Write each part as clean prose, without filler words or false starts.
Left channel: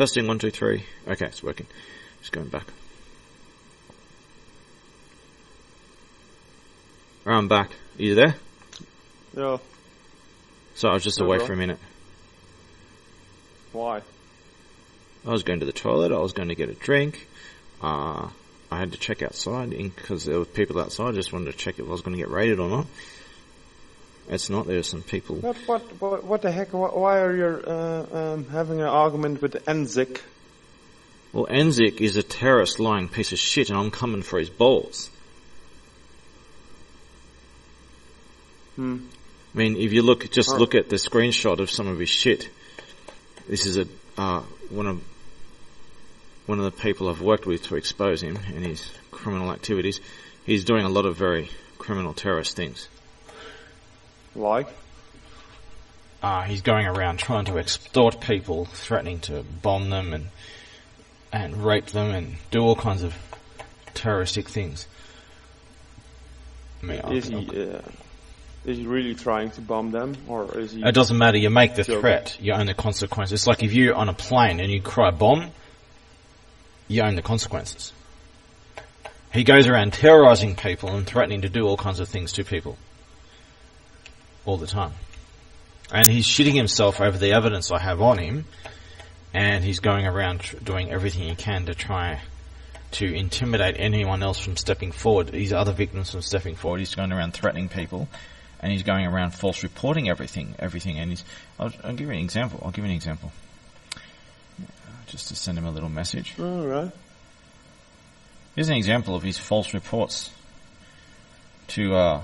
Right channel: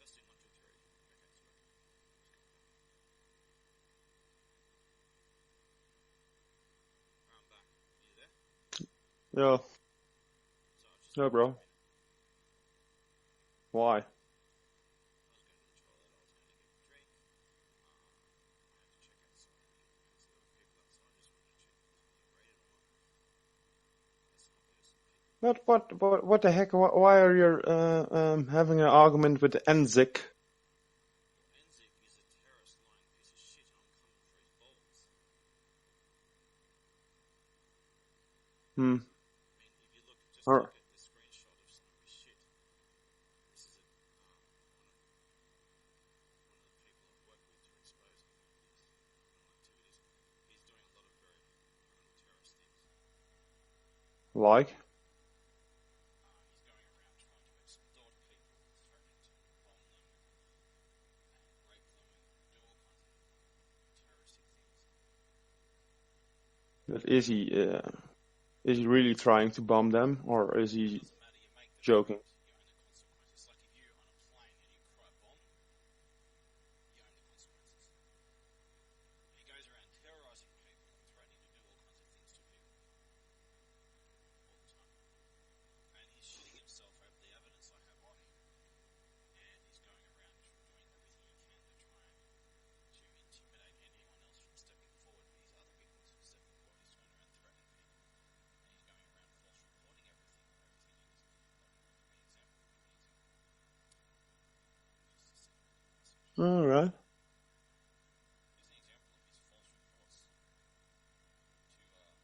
Testing 1, 2, 3. Okay, it's working. Just going back. Alright, I'm back. Are you there? Yeah. So I was just No, away bro. for a minute. Why? I was going to the toilet. I was going to get a drink. I had to check outside because there were people outside. I just wanted to check if I was going to get raided or not. It's not. There are some people. What the heck? Why are you having an argument with Enzik? Well, Enzik is a terrorist lying piece of shit, and I'm coming for his balls. I mean, if you look at the screenshot of some of his shit. This is one of the people I've worked with to expose him and his criminal activities. He's doing a lot of very criminal terrorist things. Like? He's going around trying to extort people, threatening to bomb them and rape them and do all kinds of terroristic things. I mean, Is he really trying to bomb them, or is he... It doesn't matter, you make the joking? threat, you own the consequences. It's like if you're on a plane and you cry bomb, you own the consequences. He goes around terrorizing people and threatening to do all kinds of things to people. All the time. And he's shitting himself over the evidence I have on him, and he's going around doing everything he can to try to intimidate anyone else from stepping forward, these other victims from stepping forward. He's going around threatening people, and he's going around false reporting everything, and I'll give you an example. Just to send him a little message. All right. Here's an example of his false reports to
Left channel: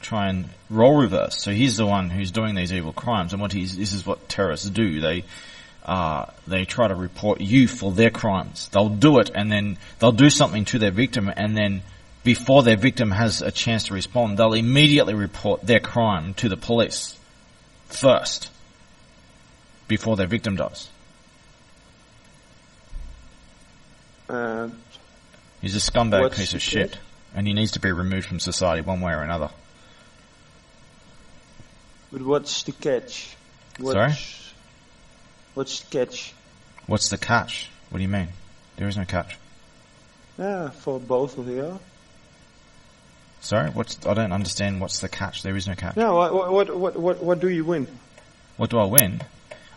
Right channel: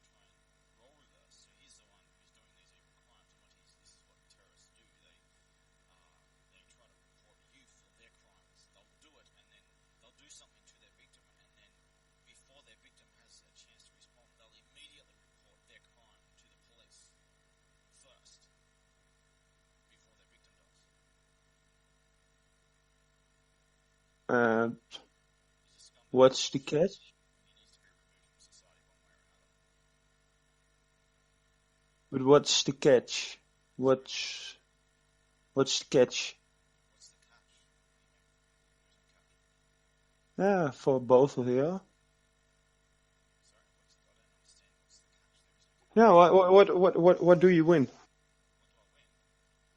try and role reverse. So he's the one who's doing these evil crimes, and this is what terrorists do. They try to report you for their crimes. They'll do it, and then they'll do something to their victim, and then before their victim has a chance to respond, they'll immediately report their crime to the police first, before their victim does. He's a scumbag piece of shit, and he needs to be removed from society one way or another. But what's the catch? Sorry? What's the catch? What's the catch? What do you mean? There is no catch. Yeah, for both of you. Sorry? I don't understand what's the catch. There is no catch. Yeah, what do you win? What do I win?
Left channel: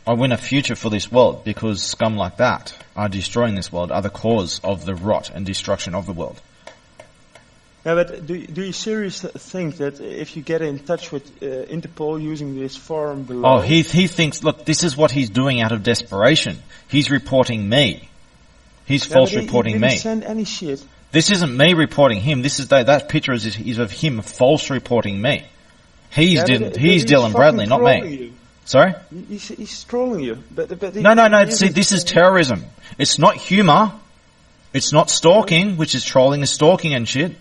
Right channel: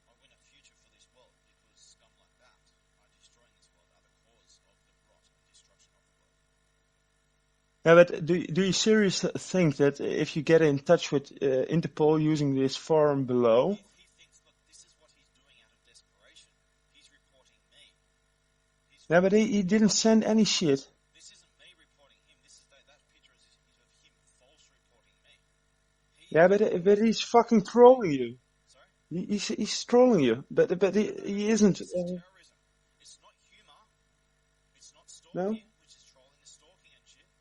I win a future for this world because scum like that are destroying this world, are the cause of the rot and destruction of the world. Yeah, but do you seriously think that if you get in touch with Interpol using this forum below... Oh, he thinks, look, this is what he's doing out of desperation. He's reporting me. He's false reporting me. He didn't send any shit. This isn't me reporting him. This is that picture is of him false reporting me. He's Dylan Bradley, not me. You. Sorry? He's trolling you. But No. See, this is terrorism. It's not humour. It's not stalking, which is trolling and stalking and shit.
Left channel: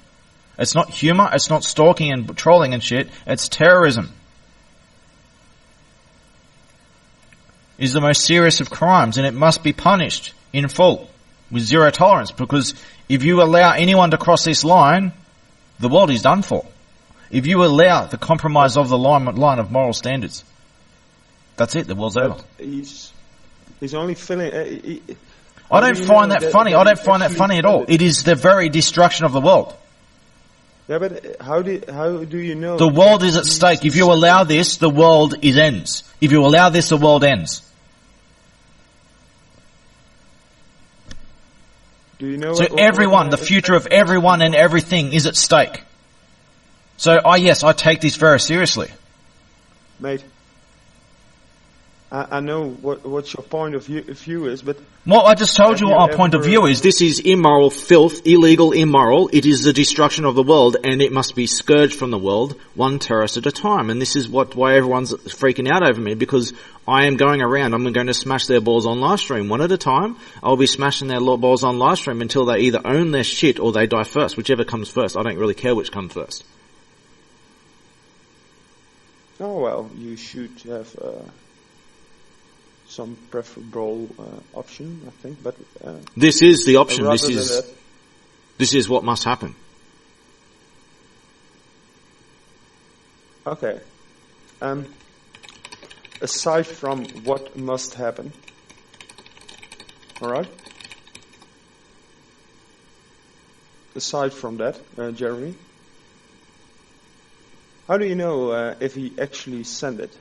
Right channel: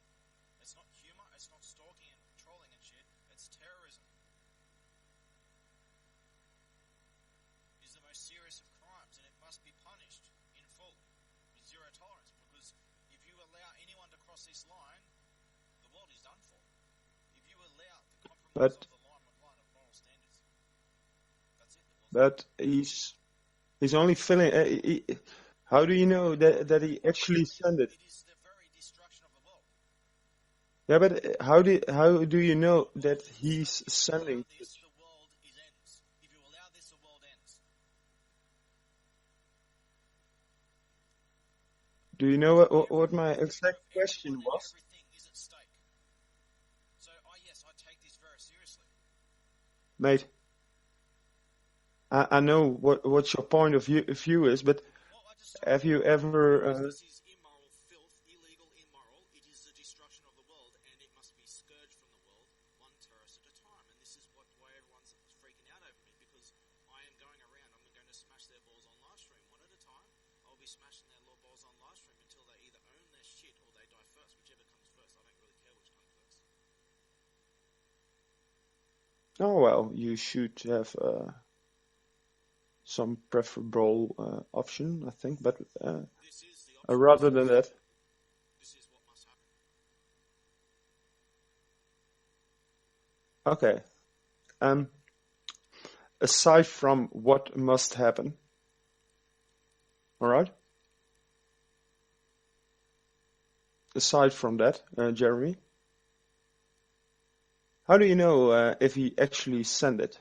It's not humour. It's not stalking and trolling and shit. It's terrorism. It's the most serious of crimes, and it must be punished in full with zero tolerance, because if you allow anyone to cross this line, the world is done for. If you allow the compromise of the line of moral standards, that's it, the world's over. He's only filling... I don't find that funny. I don't find that funny at all. It is the very destruction of the world. Yeah, but how do you know... The world is at stake. If you allow this, the world ends. If you allow this, the world ends. Do you know... So the future of everyone and everything is at stake. So, yes, I take this very seriously. Mate, I know what your point of view is, but... Well, I just told you what our point of view is. This is immoral filth, illegal, immoral. It is the destruction of the world, and it must be scourged from the world, one terrorist at a time. And this is why everyone's freaking out over me, because I am going around. I'm going to smash their balls on live stream one at a time. I'll be smashing their balls on live stream until they either own their shit or they die first, whichever comes first. I don't really care which comes first. Oh, well, you should have... some preferable option, I think, but... this is the option. This is what must happen. Okay. Aside from what must happen, Alright. Aside from that, Jeremy, how do you know if he actually sent it?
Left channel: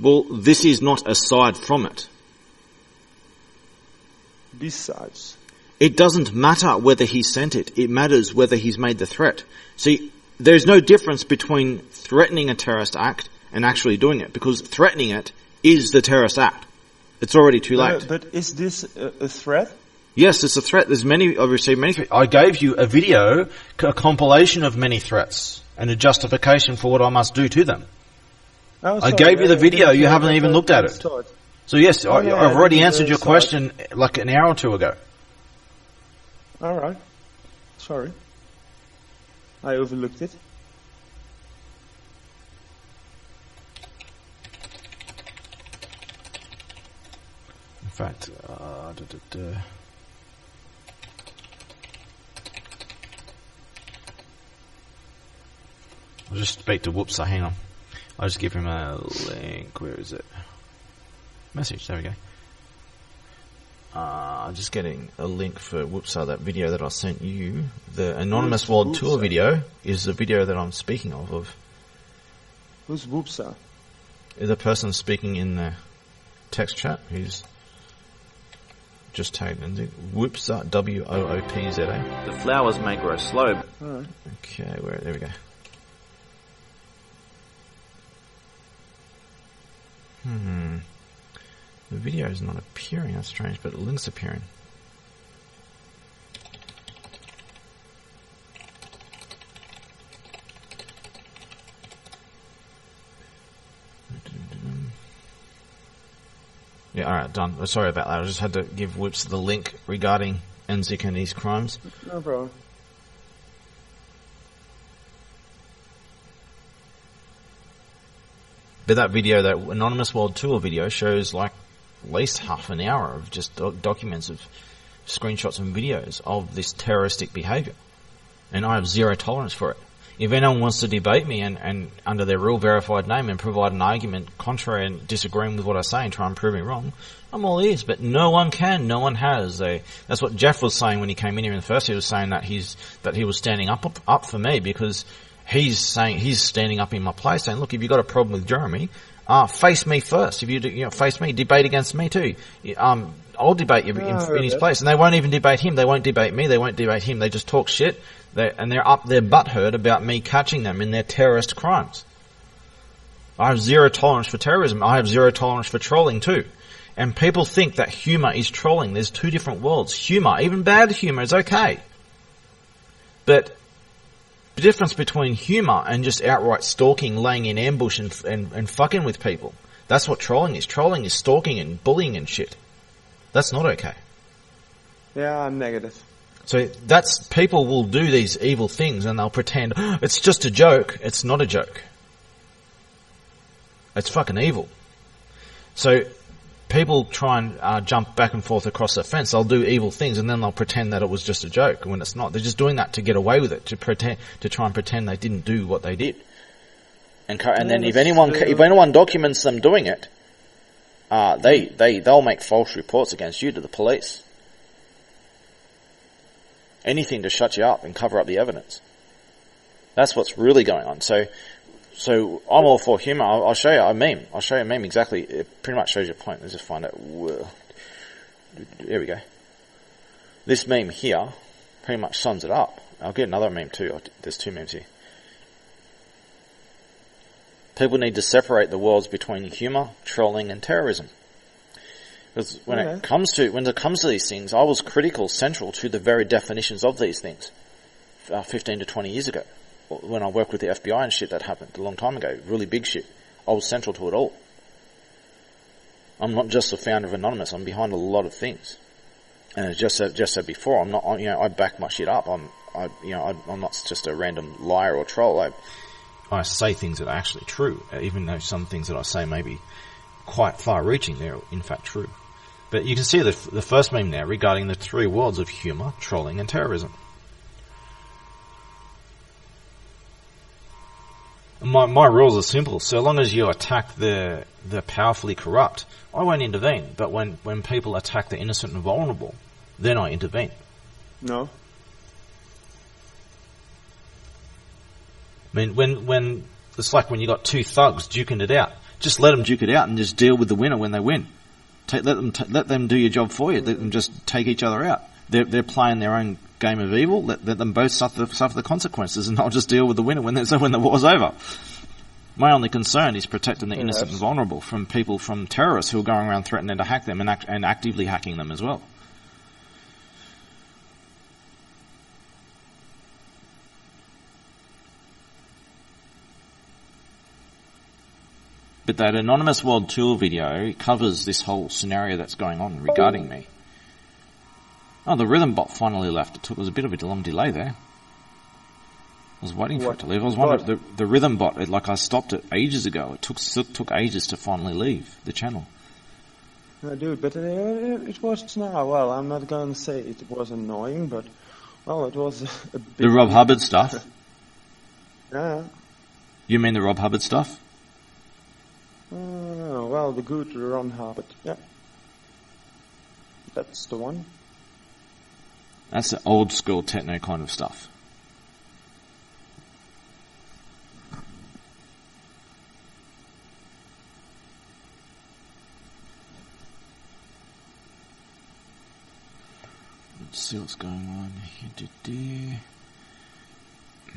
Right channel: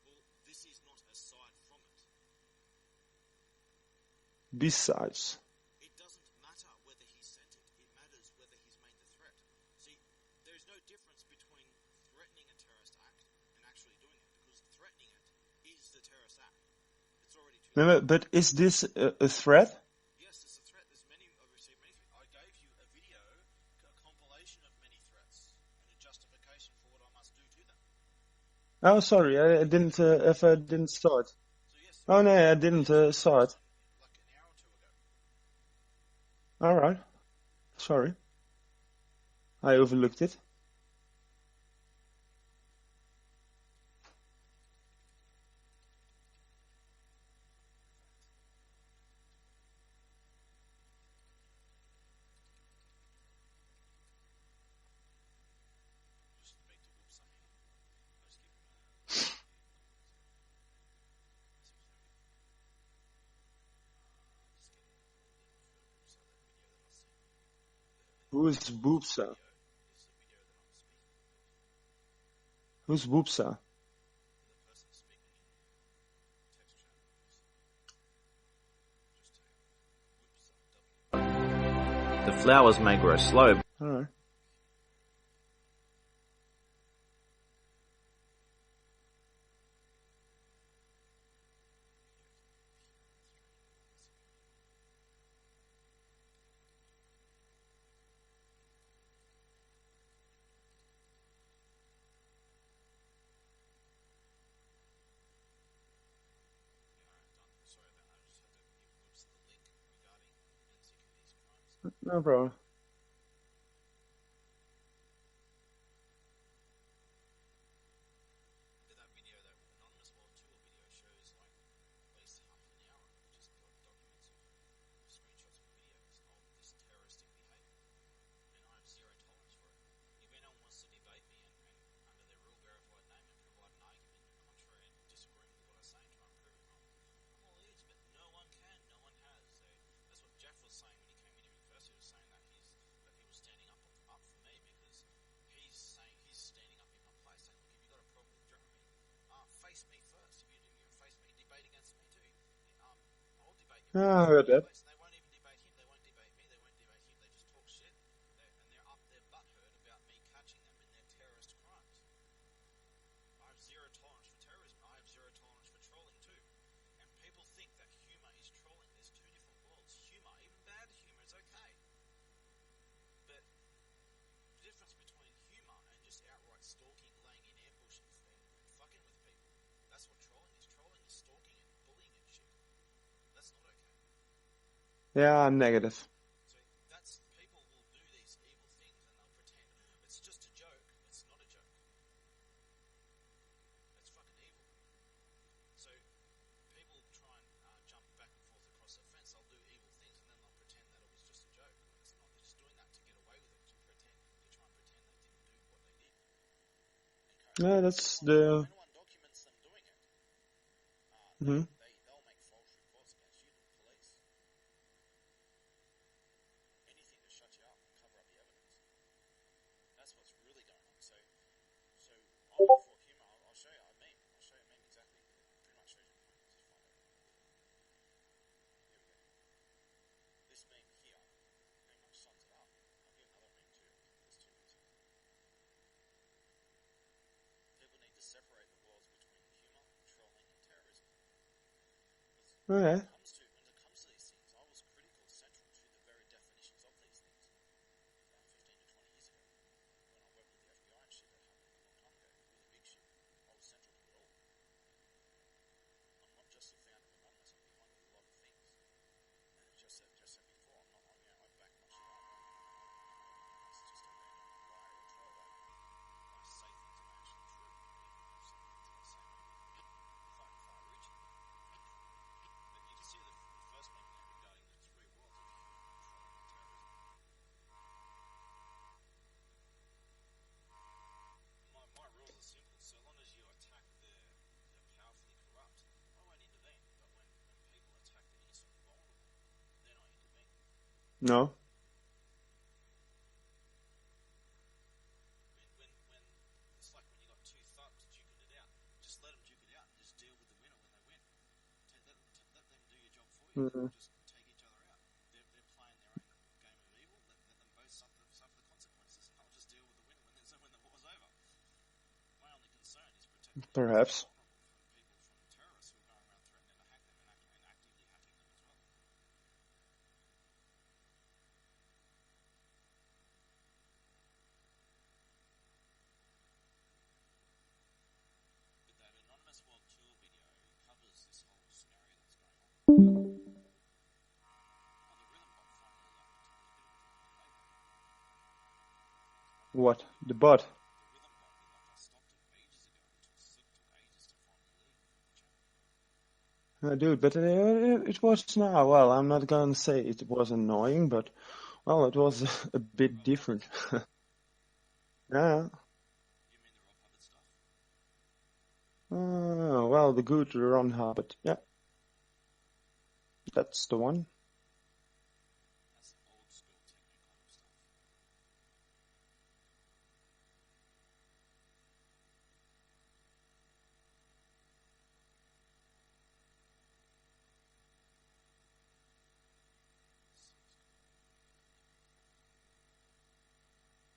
Well, this is not aside from it. Besides. It doesn't matter whether he sent it. It matters whether he's made the threat. See, there's no difference between threatening a terrorist act and actually doing it, because threatening it is the terrorist act. It's already too late. But is this a threat? Yes, it's a threat. I've received many threats. I gave you a video, a compilation of many threats, and a justification for what I must do to them. Oh, sorry, I gave you the video, you haven't even looked at it. Start. So yes, no, I've already answered your start. question like an hour or two ago. Alright. Sorry. I overlooked it. In fact, I'll just speak to Whoopsa, hang on. I'll just give him a link. Where is it? Message, there we go. I'm just getting a link for Whoopsa, that video that I sent you. The Anonymous World Tour video is the video that I'm speaking of. Who's Whoopsa? The person speaking in the text chat who's just tagged in Whoopsa, W-O-O-P-Z-A. The flowers may grow slow. Alright. Okay, there we go. The video is not appearing, that's strange, but the link's appearing. Yeah, alright, done. Sorry about that. I just had to give Whips the link regarding Enzik and his crimes. No problem. But that video, that Anonymous World Tour video, shows like at least half an hour of just documents of screenshots and videos of this terroristic behaviour. And I have zero tolerance for it. If anyone wants to debate me and under their real verified name and provide an argument contrary and disagreeing with what I say and try and prove me wrong, I'm all ears. But no one can, no one has. That's what Jeff was saying when he came in here in the first. He was saying that he was standing up for me because he's standing up in my place, saying, "Look, if you've got a problem with Jeremy, face me first. If you face me, debate against me too. I'll debate you in his place." And they won't even debate him. They won't debate me. They won't debate him. They just talk shit. They're up their butthurt about me catching them in their terrorist crimes. I have zero tolerance for terrorism. I have zero tolerance for trolling too. And people think that humour is trolling. There's two different worlds. Humour, even bad humour, is okay. But the difference between humour and just outright stalking, laying in ambush and fucking with people. That's what trolling is. Trolling is stalking and bullying and shit. That's not okay. Yeah, I'm negative. So people will do these evil things and they'll pretend, oh, it's just a joke. It's not a joke. It's fucking evil. So people try and jump back and forth across the fence. They'll do evil things and then they'll pretend that it was just a joke when it's not. They're just doing that to get away with it, to try and pretend they didn't do what they did. And then if anyone documents them doing it, they'll make false reports against you to the police. Anything to shut you up and cover up the evidence. That's what's really going on. So I'm all for humour. I'll show you a meme. I'll show you a meme exactly. It pretty much shows your point. Let's just find it. Here we go. This meme here pretty much sums it up. I'll get another meme too. There's two memes here. People need to separate the worlds between humour, trolling and terrorism. Because when it comes to these things, I was central to the very definitions of these things 15 to 20 years ago. When I worked with the FBI and shit, that happened a long time ago, really big shit. I was central to it all. I'm not just the founder of Anonymous. I'm behind a lot of things. And as just said before, I'm not. I back my shit up. I'm not just a random liar or troll. I say things that are actually true, even though some things that I say may be quite far-reaching. They're in fact true. But you can see the first meme now regarding the three worlds of humour, trolling and terrorism. my rules are simple. So long as you attack the powerfully corrupt, I won't intervene. But when people attack the innocent and vulnerable, then I intervene. No. I mean, when it's like when you got two thugs duking it out, just let them duke it out and just deal with the winner when they win. Let them do your job for you. Let them just take each other out. They're playing their own game of evil. Let them both suffer the consequences, and I'll just deal with the winner when the war's over. My only concern is protecting the innocent and vulnerable from terrorists who are going around threatening to hack them and actively hacking them as well. But that Anonymous World Tour video covers this whole scenario that's going on regarding me. Oh, the Rhythm bot finally left. It was a bit of a long delay there. I was waiting for it to leave. I was wondering, the Rhythm bot, I stopped it ages ago. It took ages to finally leave the channel. No, dude, but it was now. Well, I'm not going to say it was annoying, but well, it was a bit. The Rob Hubbard stuff. Yeah. You mean the Rob Hubbard stuff? Well, the good Ron Hubbard. Yeah. That's the one. That's the old school techno kind of stuff. Let's see what's going on here.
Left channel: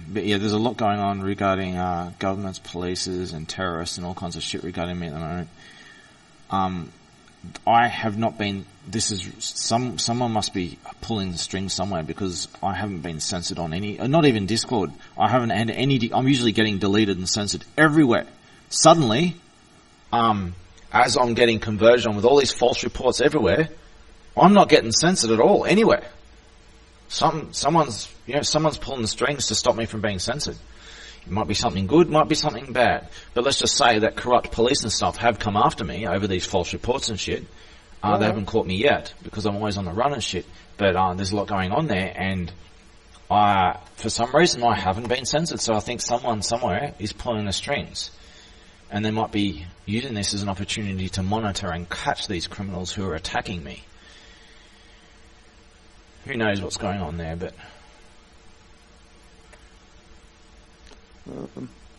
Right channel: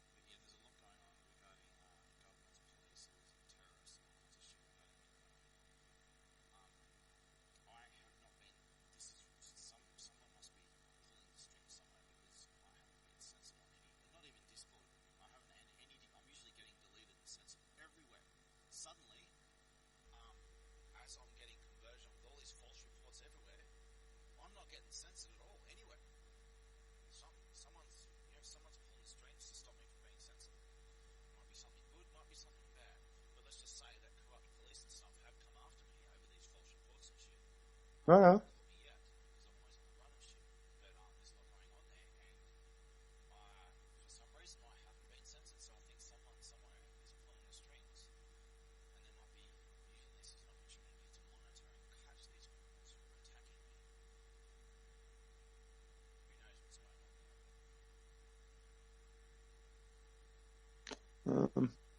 But yeah, there's a lot going on regarding governments, polices, and terrorists, and all kinds of shit regarding me at the moment. I have not been. This is someone must be pulling the strings somewhere, because I haven't been censored on any. Not even Discord. I haven't had any. I'm usually getting deleted and censored everywhere. Suddenly, as I'm getting conversion with all these false reports everywhere, I'm not getting censored at all anywhere. Someone's pulling the strings to stop me from being censored. It might be something good, might be something bad. But let's just say that corrupt police and stuff have come after me over these false reports and shit. They haven't caught me yet, because I'm always on the run and shit. But there's a lot going on there, and for some reason I haven't been censored. So I think someone somewhere is pulling the strings. And they might be using this as an opportunity to monitor and catch these criminals who are attacking me. Who knows what's going on there, but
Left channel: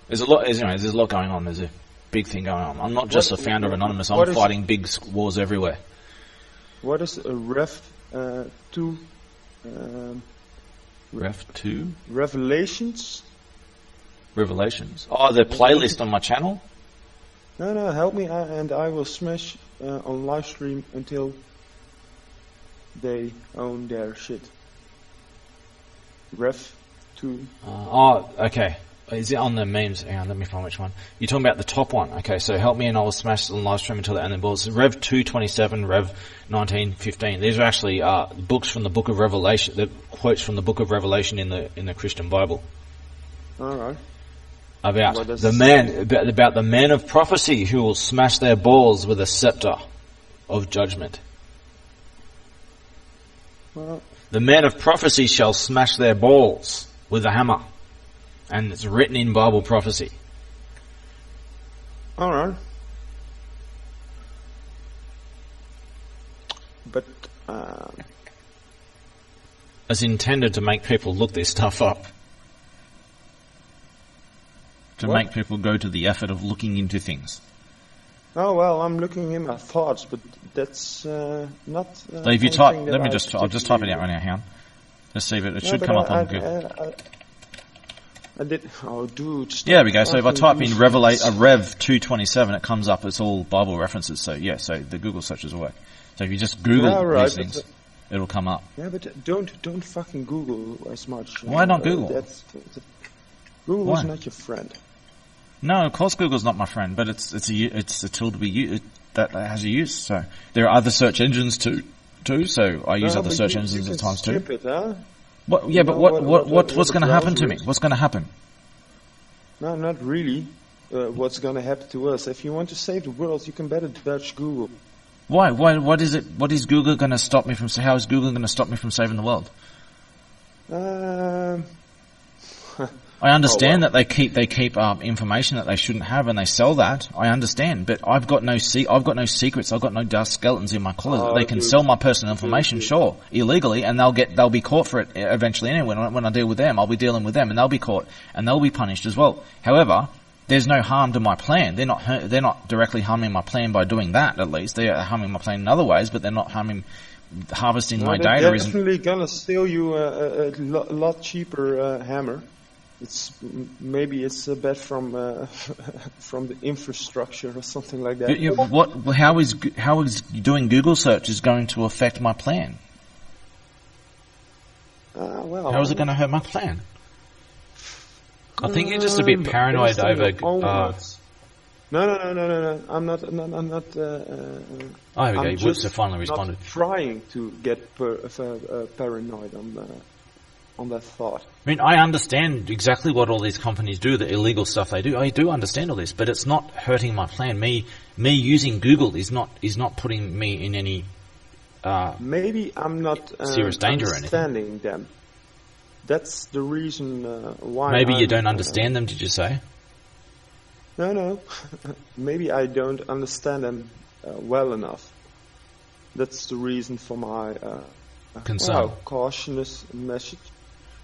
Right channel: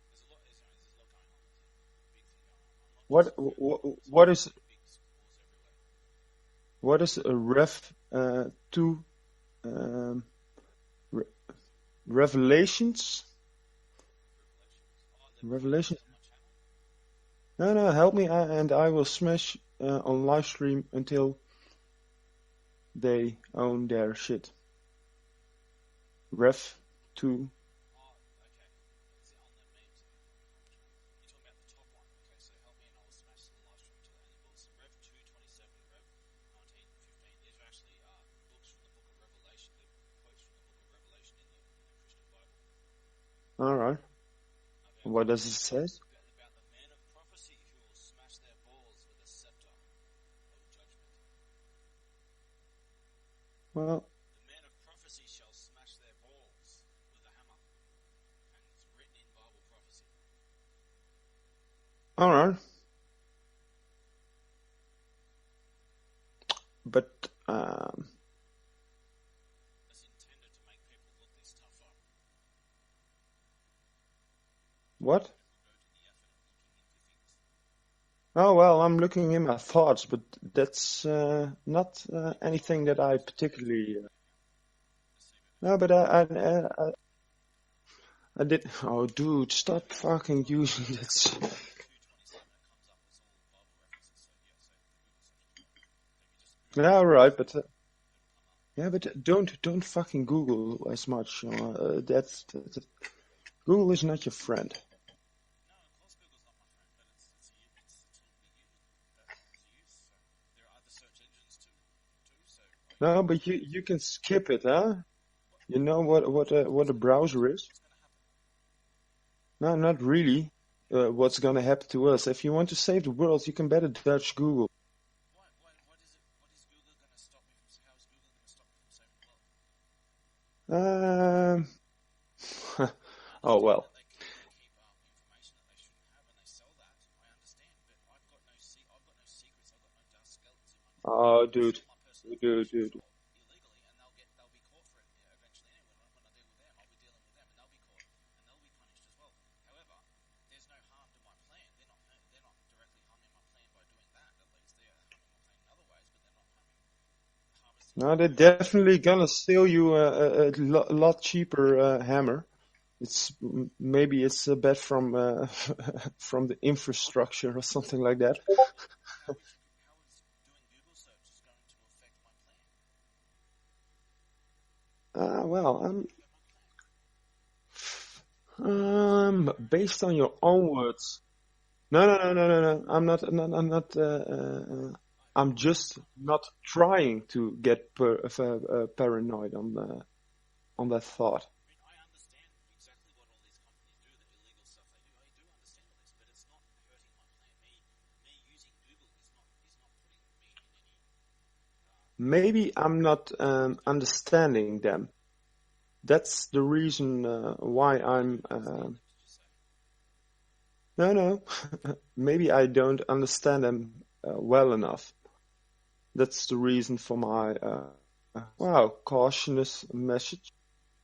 there's a lot. There's a lot going on. There's a big thing going on. I'm not just a founder of Anonymous. I'm fighting big wars everywhere. What is a Rev 2? Rev 2? Revelations? Revelations. Oh, the playlist on my channel? No, help me, and I will smash on live stream until they own their shit. Rev 2. Okay. Is it on the memes? Hang on, let me find which one. You're talking about the top one. Okay, so help me and I will smash on live stream until the end of the balls. Rev 227, Rev 1915. These are actually books from the Book of Revelation. The quotes from the Book of Revelation in the Christian Bible. All right. About the man of prophecy who will smash their balls with a scepter of judgment. Well, the man of prophecy shall smash their balls with a hammer. And it's written in Bible prophecy. All right. But it's intended to make people look this stuff up. To make people go to the effort of looking into things. Oh well, I'm looking in my thoughts, but that's not. So if you type, I'll just type it out right now. Hang on. Let's see if it should come up on Google. I did. Oh, dude. Stop. Yeah, there we go. So if I type in Rev 227, it comes up. It's all Bible references. So yeah, so the Google searches will work. So if you just Google these things, it'll come up. Yeah, but don't fucking Google as much. Why not Google? Google is not your friend. No, of course Google's not my friend, but it's a tool to be used that has a use. So there are other search engines too. So I use other search engines at times too. Skip it, huh? What, yeah, but what's going to happen to me? What's going to happen? No, not really. What's going to happen to us? If you want to save the world, you can better Dutch Google. Why? What is it? What is Google going to stop me from? How is Google going to stop me from saving the world? I understand well. that they keep information that they shouldn't have, and they sell that. I understand, but I've got no secrets. I've got no dark skeletons in my closet. They can sell my personal information, sure, illegally, and they'll be caught for it eventually. Anyway, when I deal with them, I'll be dealing with them, and they'll be caught and they'll be punished as well. However, there's no harm to my plan. They're not directly harming my plan by doing that. At least they are harming my plan in other ways, but they're not harvesting my data. They're definitely gonna sell you a lot cheaper hammer. Maybe it's a bet from from the infrastructure or something like that. How is doing Google searches going to affect my plan? Well, how is it going to hurt my plan? I think you're just a bit paranoid over. No. I'm not. I'm just finally responded. Not trying to get paranoid on that thought. I mean, I understand exactly what all these companies do, the illegal stuff they do. I do understand all this, but it's not hurting my plan. Me using Google is not putting me in any maybe I'm not serious danger understanding them. That's the reason why. Maybe you don't understand them. Did you say? No. Maybe I don't understand them well enough. That's the reason for my concern. Cautious message.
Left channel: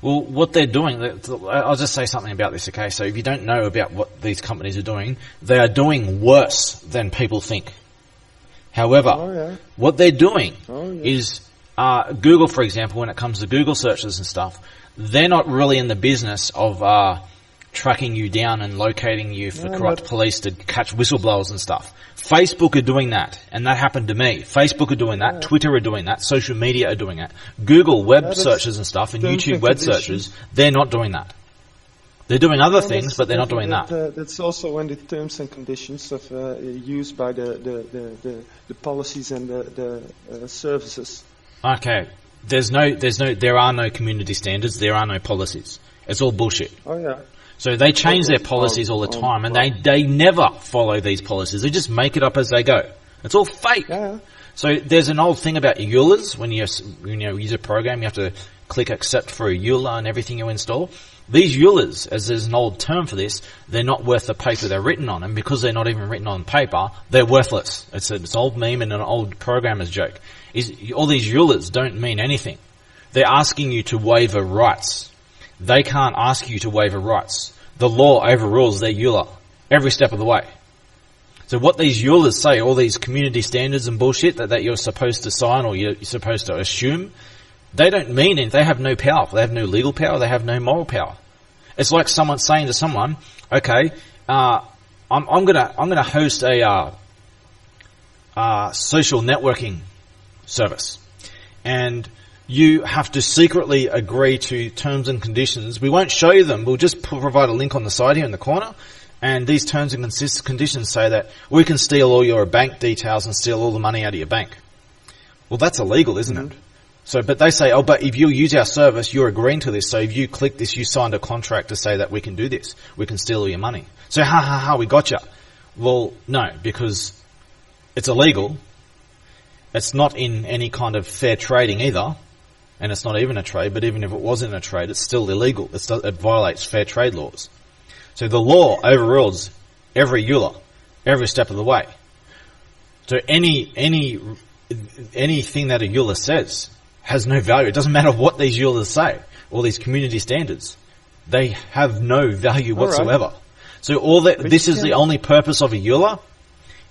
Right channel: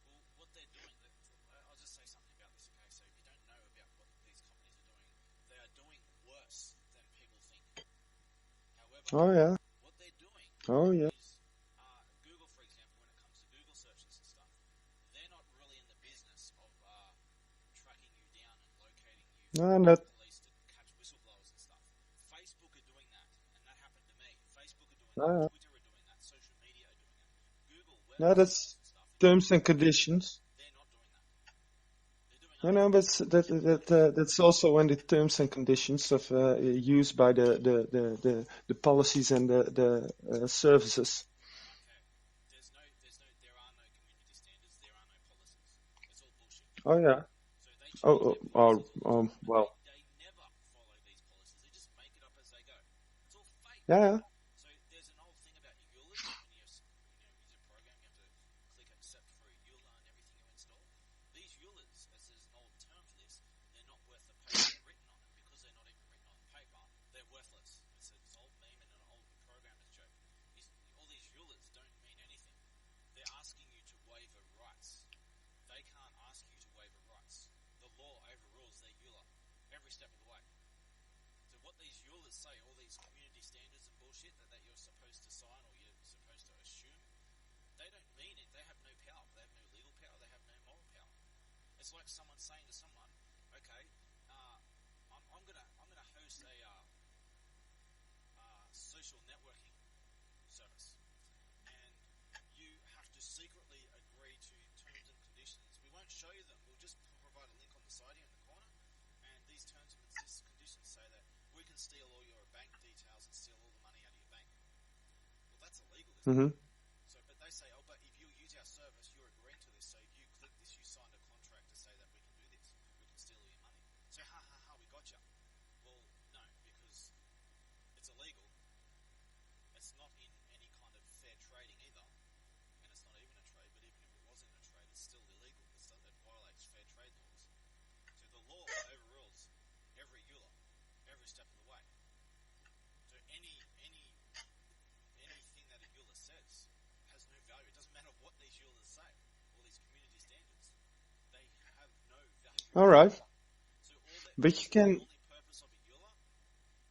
Well, what they're doing, I'll just say something about this, okay? So if you don't know about what these companies are doing, they are doing worse than people think. However, what they're doing is, Google, for example, when it comes to Google searches and stuff, they're not really in the business of tracking you down and locating you for corrupt police to catch whistleblowers and stuff. Facebook are doing that, and that happened to me. Facebook are doing that, Twitter are doing that, social media are doing it. Google web searches and stuff, and YouTube web searches, they're not doing that. They're doing other things, but they're not doing that. That's also in the terms and conditions of used by the policies and the services. Okay, there are no community standards, there are no policies. It's all bullshit. Oh yeah. So they change their policies all the time, and they never follow these policies. They just make it up as they go. It's all fake. Yeah. So there's an old thing about EULAs. When you use a program, you have to click accept for a EULA and everything you install. These EULAs, as there's an old term for this, they're not worth the paper they're written on, and because they're not even written on paper, they're worthless. It's an old meme and an old programmer's joke. All these EULAs don't mean anything. They're asking you to waiver rights. They can't ask you to waiver rights. The law overrules their EULA every step of the way. So what these EULAs say, all these community standards and bullshit that you're supposed to sign or you're supposed to assume, they don't mean anything. They have no power. They have no legal power. They have no moral power. It's like someone saying to someone, okay, I'm gonna host a social networking service, and you have to secretly agree to terms and conditions. We won't show you them. We'll just provide a link on the side here in the corner. And these terms and conditions say that we can steal all your bank details and steal all the money out of your bank. Well, that's illegal, isn't it? So, but they say, but if you use our service, you're agreeing to this. So if you click this, you signed a contract to say that we can do this. We can steal all your money. So we gotcha. Well, no, because it's illegal. It's not in any kind of fair trading either. And it's not even a trade, but even if it wasn't a trade, it's still illegal. It violates fair trade laws. So the law overrules every EULA, every step of the way. So anything that a EULA says has no value. It doesn't matter what these EULAs say, all these community standards. They have no value whatsoever. Right. So this is the only purpose of a EULA,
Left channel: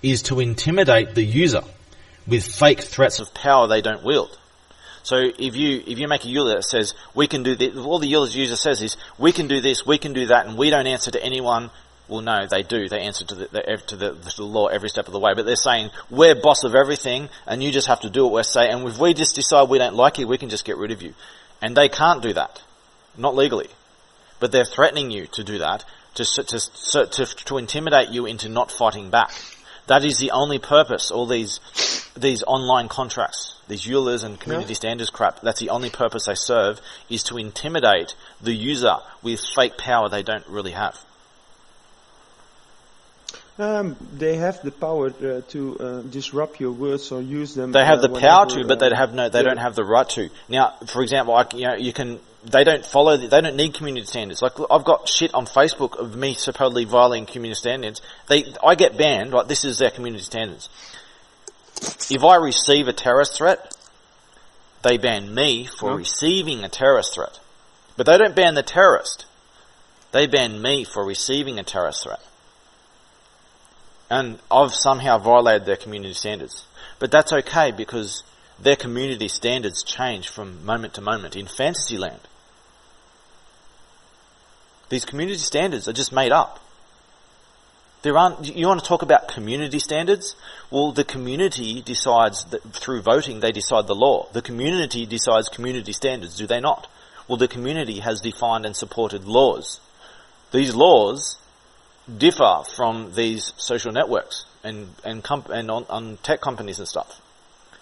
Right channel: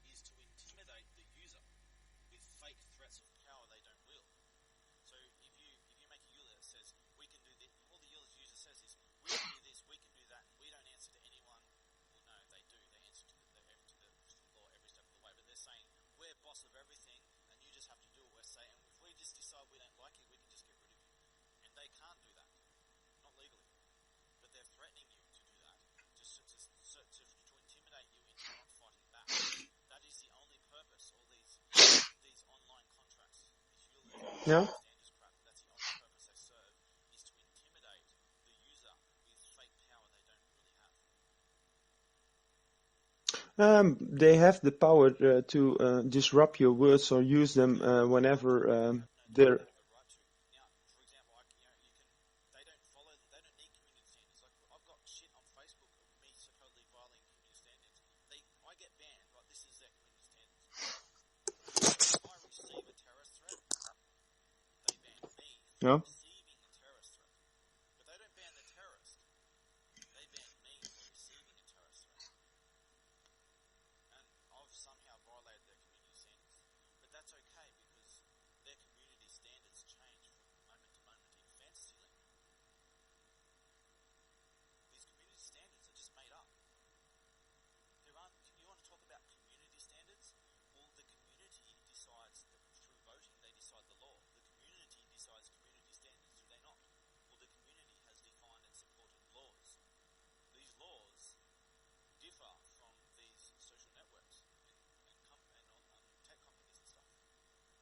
is to intimidate the user with fake threats of power they don't wield. So if you make a EULA that says we can do this, all the EULA's user says is we can do this, we can do that, and we don't answer to anyone. Well, no, they do. They answer to the law every step of the way. But they're saying we're boss of everything, and you just have to do what we're saying. And if we just decide we don't like you, we can just get rid of you. And they can't do that, not legally. But they're threatening you to do that to intimidate you into not fighting back. That is the only purpose. All these online contracts, these EULAs and community standards crap, that's the only purpose they serve, is to intimidate the user with fake power they don't really have. They have the power to disrupt your words or use them. They have the power to, but they don't have the right to. Now, for example, you can they don't need community standards. Like, I've got shit on Facebook of me supposedly violating community standards. I get banned, like, this is their community standards. If I receive a terrorist threat, they ban me for receiving a terrorist threat. But they don't ban the terrorist. They ban me for receiving a terrorist threat. And I've somehow violated their community standards. But that's okay, because their community standards change from moment to moment in Fantasyland. These community standards are just made up. You want to talk about community standards? Well, the community decides, through voting, they decide the law. The community decides community standards, do they not? Well, the community has defined and supported laws. These laws differ from these social networks and on tech companies and stuff.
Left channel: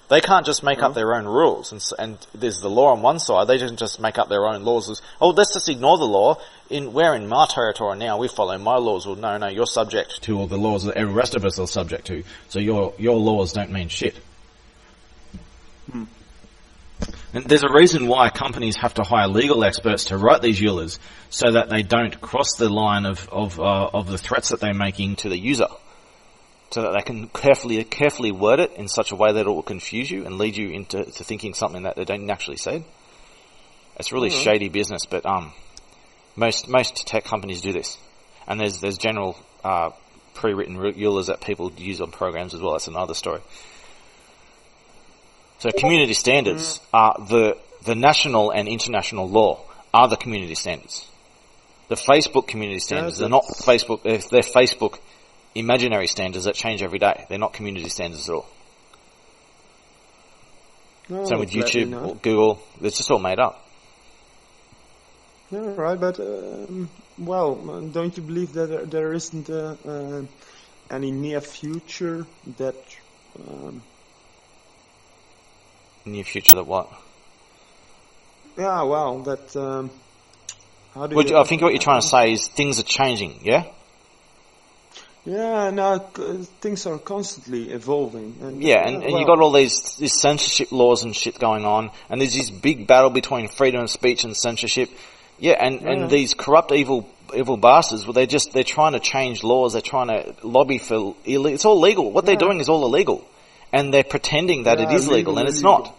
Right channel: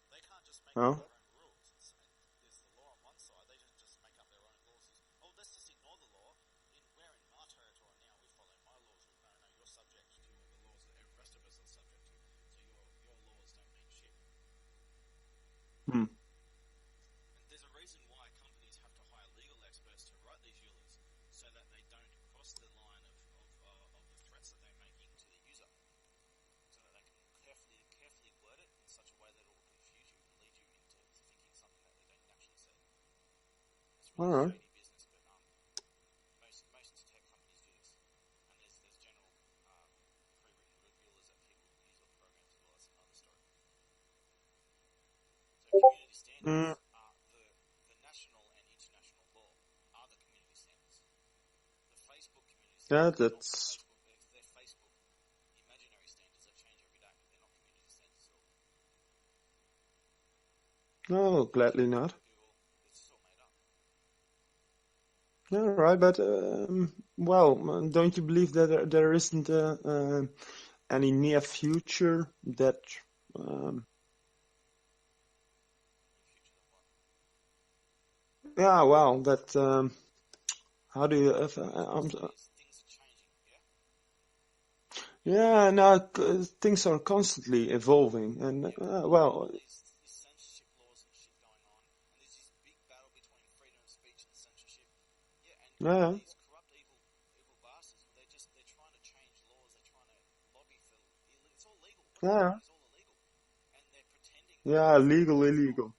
They can't just make up their own rules, and there's the law on one side. They don't just make up their own laws. Let's just ignore the law. We're in my territory now. We follow my laws. Well, no, you're subject to all the laws that every rest of us are subject to. So your laws don't mean shit. And there's a reason why companies have to hire legal experts to write these EULAs, so that they don't cross the line of the threats that they're making to the user. So that they can carefully word it in such a way that it will confuse you and lead you into thinking something that they don't actually say. It's really shady business, but most tech companies do this. And there's general pre-written EULAs that people use on programs as well. That's another story. So community standards are the national and international law are the community standards. The Facebook community standards, they're not Facebook. They're Facebook imaginary standards that change every day. They're not community standards at all. No, so with YouTube, Google, it's just all made up. Yeah, right, but don't you believe that there isn't any near future that? Near future that what? Yeah, well, that. How do you? I think what you're trying to say is things are changing. Yeah. Yeah, no, things are constantly evolving. And you got all these censorship laws and shit going on, and there's this big battle between freedom of speech and censorship. And these corrupt, evil bastards, well, they're trying to change laws. They're trying to lobby for illegal. It's all legal. What they're doing is all illegal, and they're pretending that it is legal, and it's not.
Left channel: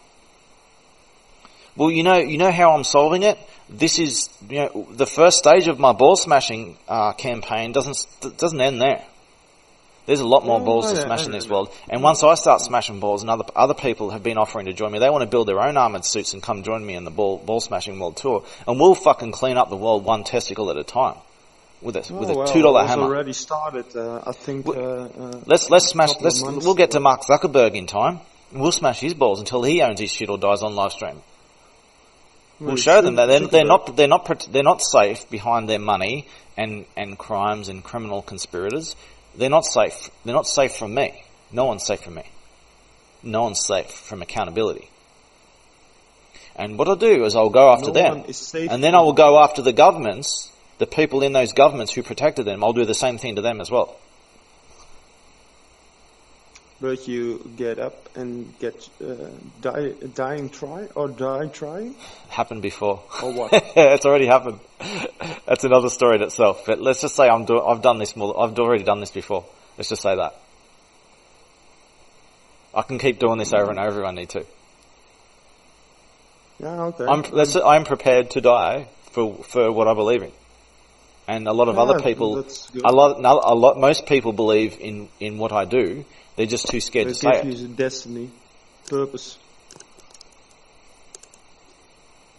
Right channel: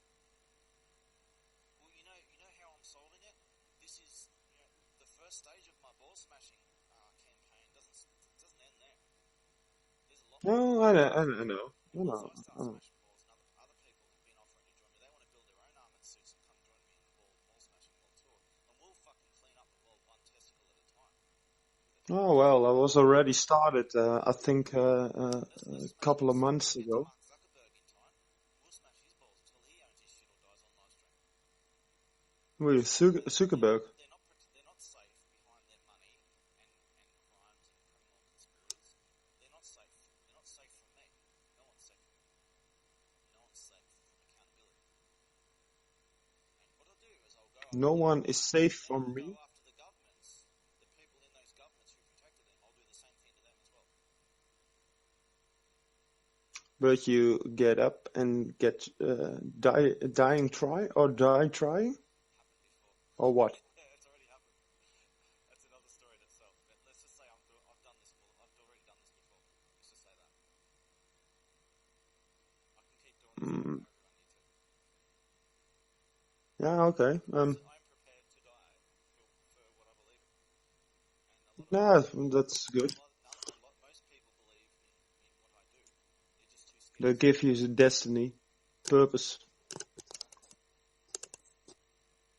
Well, you know how I'm solving it. This is the first stage of my ball smashing campaign doesn't end there. There's a lot more balls to smash in this world. And once I start smashing balls, and other people have been offering to join me, they want to build their own armoured suits and come join me in the ball smashing world tour. And we'll fucking clean up the world one testicle at a time. With a $2 hammer. It's already started, I think. Let's smash. We'll get to Mark Zuckerberg in time. And we'll smash his balls until he owns his shit or dies on live stream. We'll show them that they're not safe behind their money and crimes and criminal conspirators. They're not safe. They're not safe from me. No one's safe from me. No one's safe from accountability. And what I'll do is I'll go after them. And then I will go after the governments, the people in those governments who protected them. I'll do the same thing to them as well. But you get up and get die trying? Happened before. Or what? It's already happened. That's another story in itself. But let's just say I've done this more. I've already done this before. Let's just say that. I can keep doing this over and over if I need to. Yeah, okay. I'm prepared to die for what I believe in. And a lot of other people, most people believe in what I do. They're just too scared to say it. They give you the destiny, purpose.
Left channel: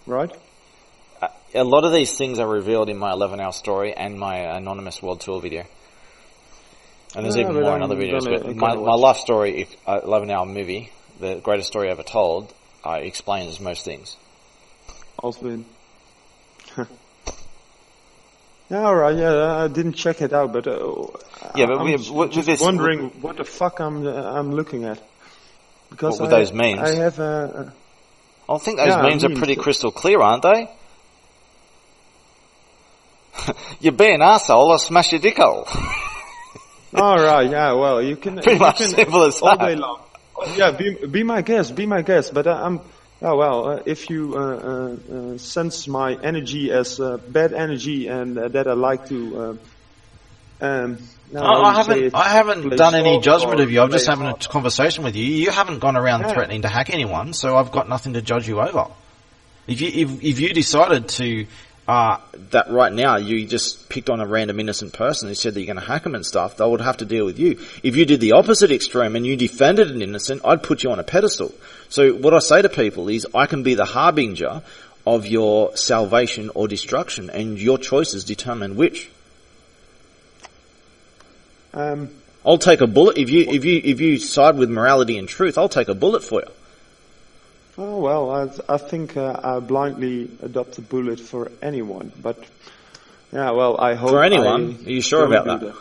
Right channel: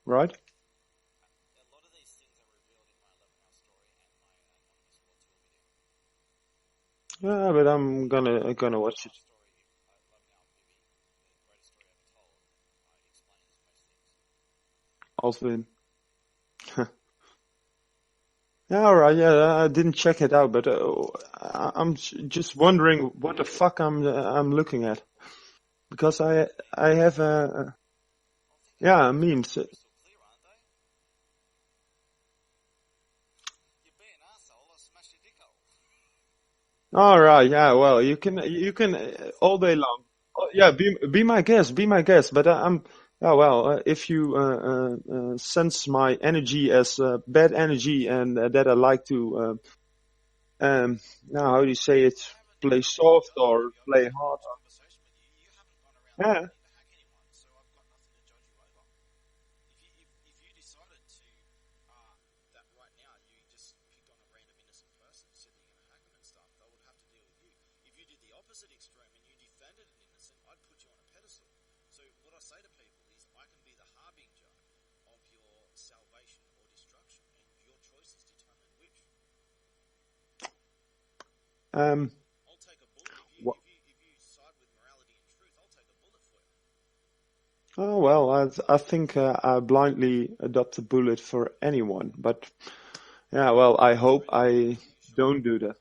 Right? A lot of these things are revealed in my 11-hour story and my Anonymous World Tour video. And there's even more in other videos. But my life story, 11-hour movie, the greatest story ever told, explains most things. Alvin. Yeah, all right. Yeah, I didn't check it out, but I'm just wondering what the fuck I'm looking at, because those memes? I have I think those memes are pretty crystal clear, aren't they? You be an arsehole, I'll smash your dick hole. All right. Yeah. Well, you can simple as all that. day long. Yeah. Be my guest. But I'm Oh well, if you sense my energy as bad energy and that I like to, I haven't done any judgment of you. I'm just having a conversation with you. You haven't gone around threatening to hack anyone, so I've got nothing to judge you over. If you decided to that right now you just picked on a random innocent person who said that you're going to hack them and stuff, they would have to deal with you. If you did the opposite extreme and you defended an innocent, I'd put you on a pedestal. So what I say to people is I can be the harbinger of your salvation or destruction, and your choices determine which. I'll take a bullet if you side with morality and truth. I'll take a bullet for you. Oh well, I think I blindly adopt a bullet for anyone, but yeah, well, I hope for anyone. Are you sure about that?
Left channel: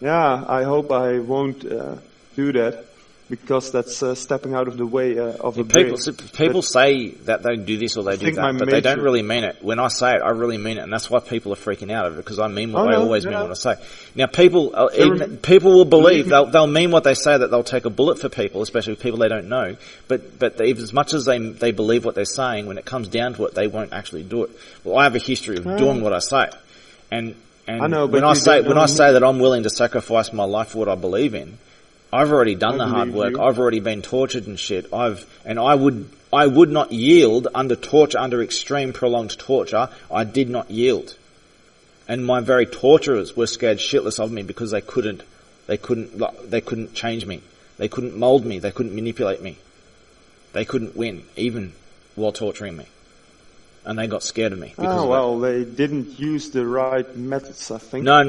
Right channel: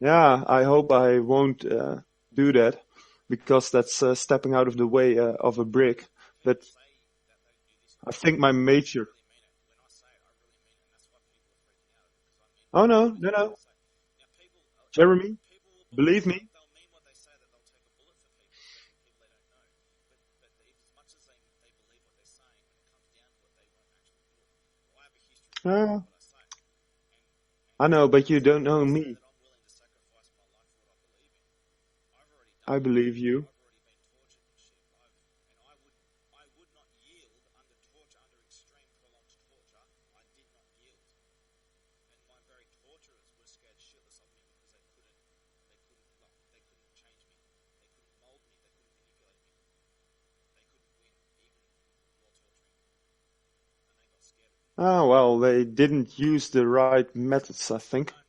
Yeah, I hope I won't do that, because that's stepping out of the way of a brick. People say that they do this or they do that, but they don't really mean it. When I say it, I really mean it, and that's why people are freaking out of it, because I mean what I always mean what I say. Now, people will believe, they'll mean what they say, that they'll take a bullet for people, especially people they don't know, but as much as they believe what they're saying, when it comes down to it, they won't actually do it. Well, I have a history of doing what I say, and I know, but when I say that I'm willing to sacrifice my life for what I believe in, I've already done the hard work. I've already been tortured and shit. I would not yield under torture, under extreme prolonged torture. I did not yield. And my very torturers were scared shitless of me, because they couldn't change me. They couldn't mold me. They couldn't manipulate me. They couldn't win, even while torturing me. And they got scared of me. Oh, well, they didn't use the right methods, I think. No.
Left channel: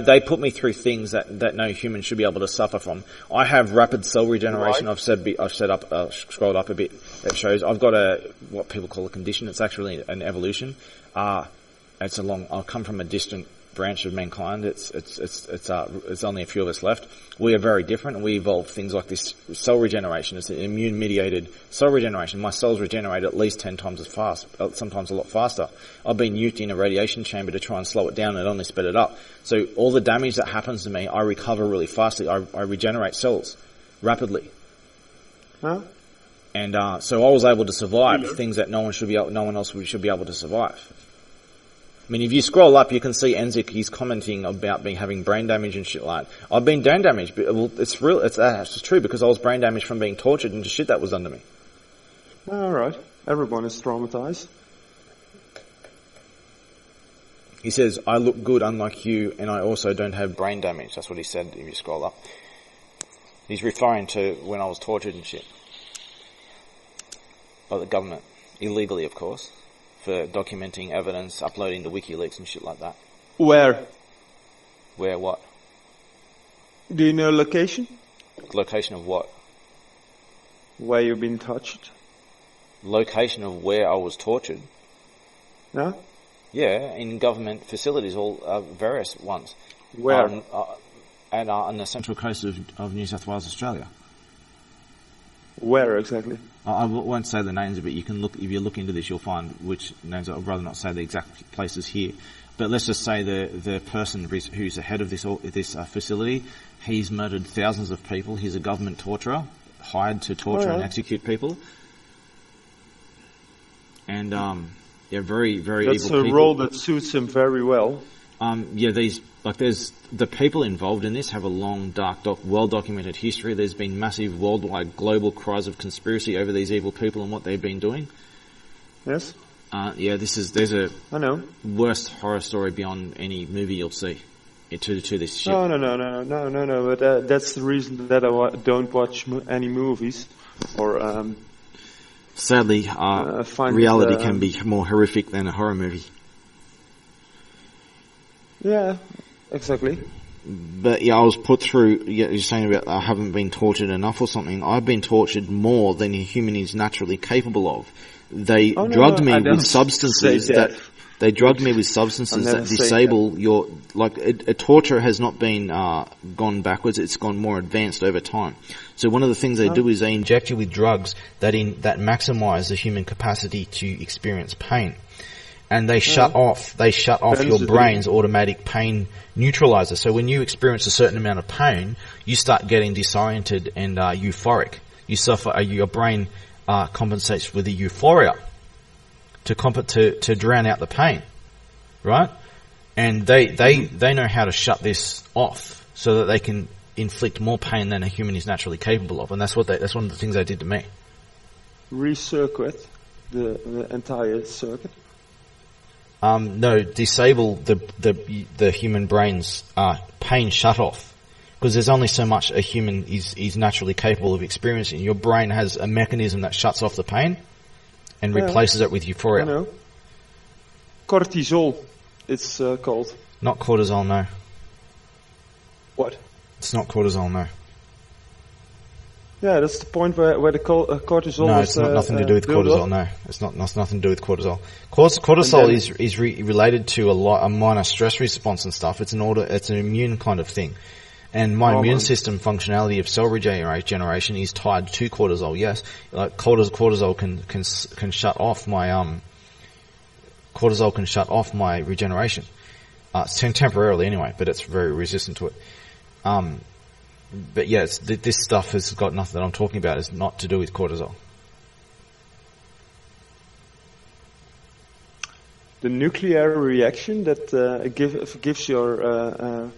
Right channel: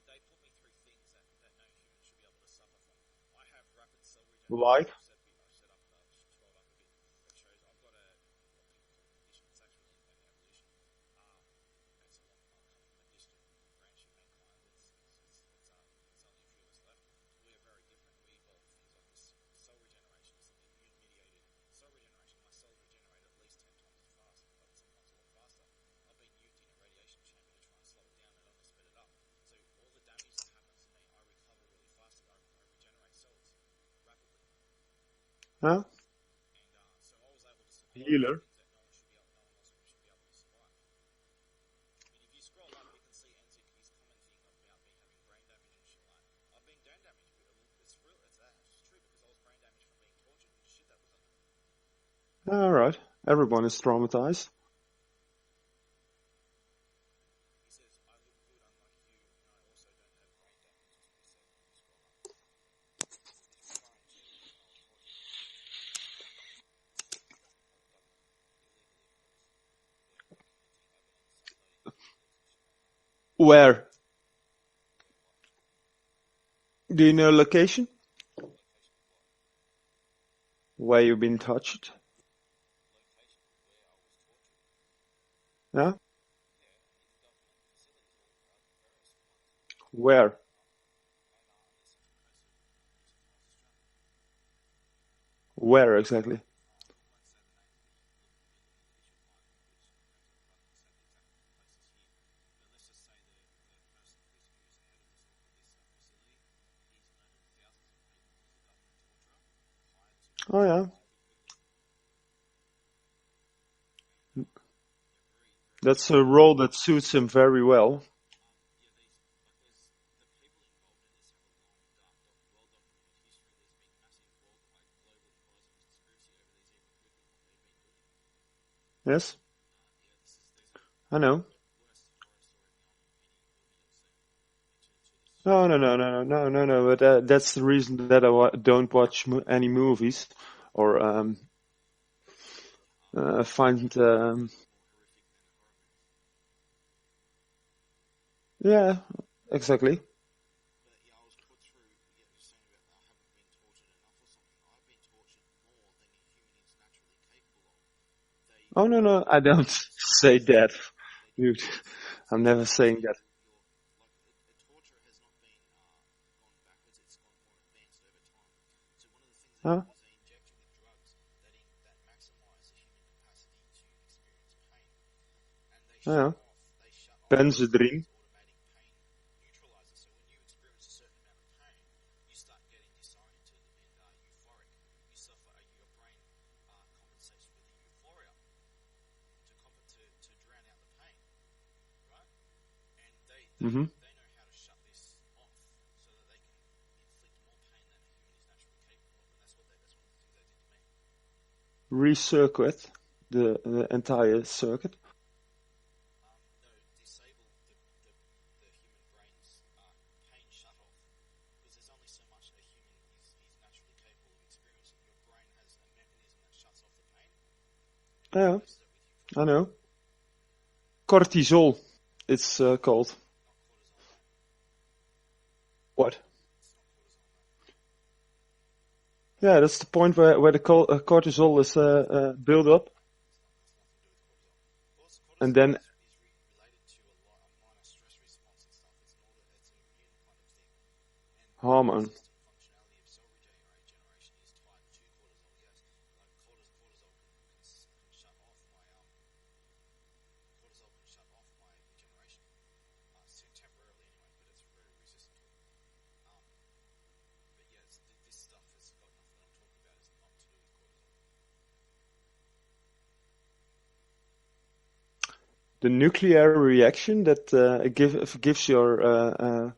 They put me through things that no human should be able to suffer from. I have rapid cell regeneration. Right. I've scrolled up a bit. It shows I've got what people call a condition. It's actually an evolution. I'll come from a distant branch of mankind. It's only a few of us left. We are very different, and we evolve things like this cell regeneration. It's an immune-mediated cell regeneration. My cells regenerate at least 10 times as fast, sometimes a lot faster. I've been nuked in a radiation chamber to try and slow it down, and it only sped it up. So all the damage that happens to me, I recover really fastly. I regenerate cells rapidly. Huh? And so I was able to survive things that no one else should be able to survive. I mean, if you scroll up, you can see Enzik, he's commenting about having brain damage and shit like that. I've been brain damaged, but it's real, it's true, because I was brain damaged from being tortured and the shit that was done to me. Alright. Everyone is traumatized. He says, I look good unlike you, and I also don't have brain damage. That's what he said if you scroll up. He's referring to when I was tortured and shit. By the government. Illegally, of course. For documenting evidence, uploading to WikiLeaks and shit like that. Where? Where what? Do you know location? Location of what? Where you've been touched? Location of where I was tortured? Yeah? Yeah, in government facilities, all various ones. Where? On the central coast of New South Wales, Australia. Where exactly? I won't say the names of it. You can look, if you look into this, you'll find which names. I'd rather not say the exact places here. But let's just say the person who's the head of this facility, he's murdered thousands of people. He's a government torturer, hired to torture and execute people. And they're very, very. That's evil a people. role that suits him very well. There's the people involved in this have a long, dark, well-documented history. There's been massive worldwide global cries of conspiracy over these evil people and what they've been doing. Yes. There's a I know. worst horror story beyond any movie you'll see to this shit. No. But that's the reason that I don't watch any movies or. Sadly, reality can be more horrific than a horror movie. Yeah. Exactly. But yeah, I was put through, you're saying about I haven't been tortured enough or something. I've been tortured more than a human is naturally capable of. They drugged me with substances they drugged me with substances that disable your, a torture has not been gone backwards, it's gone more advanced over time. So one of the things they do is they inject you with drugs that maximize the human capacity to experience pain. And they shut off your brain's automatic pain neutralizer. So when you experience a certain amount of pain, you start getting disoriented and euphoric. You suffer, your brain compensates with the euphoria to drown out the pain, right? And they know how to shut this off so that they can inflict more pain than a human is naturally capable of, and that's one of the things they did to me. Recircuit the entire circuit. No, disable the human brain's pain shut off, because there's only so much a human is naturally capable of experiencing. Your brain has a mechanism that shuts off the pain and replaces it with euphoria. I know. Cortisol, it's called. Not cortisol, no. What? It's not cortisol, no. Yeah, that's the point where the cortisol no, was it's not nothing to do with built cortisol. up. No, it's not nothing to do with cortisol. Cortisol is related to a minor stress response and stuff. It's an immune kind of thing. And my immune system functionality of cell regeneration is tied to cortisol. Yes, like cortisol can shut off my regeneration. It's temporarily anyway, but it's very resistant to it. But yeah, this stuff has got nothing that I'm talking about. It's not to do with cortisol. The nuclear reaction that gives your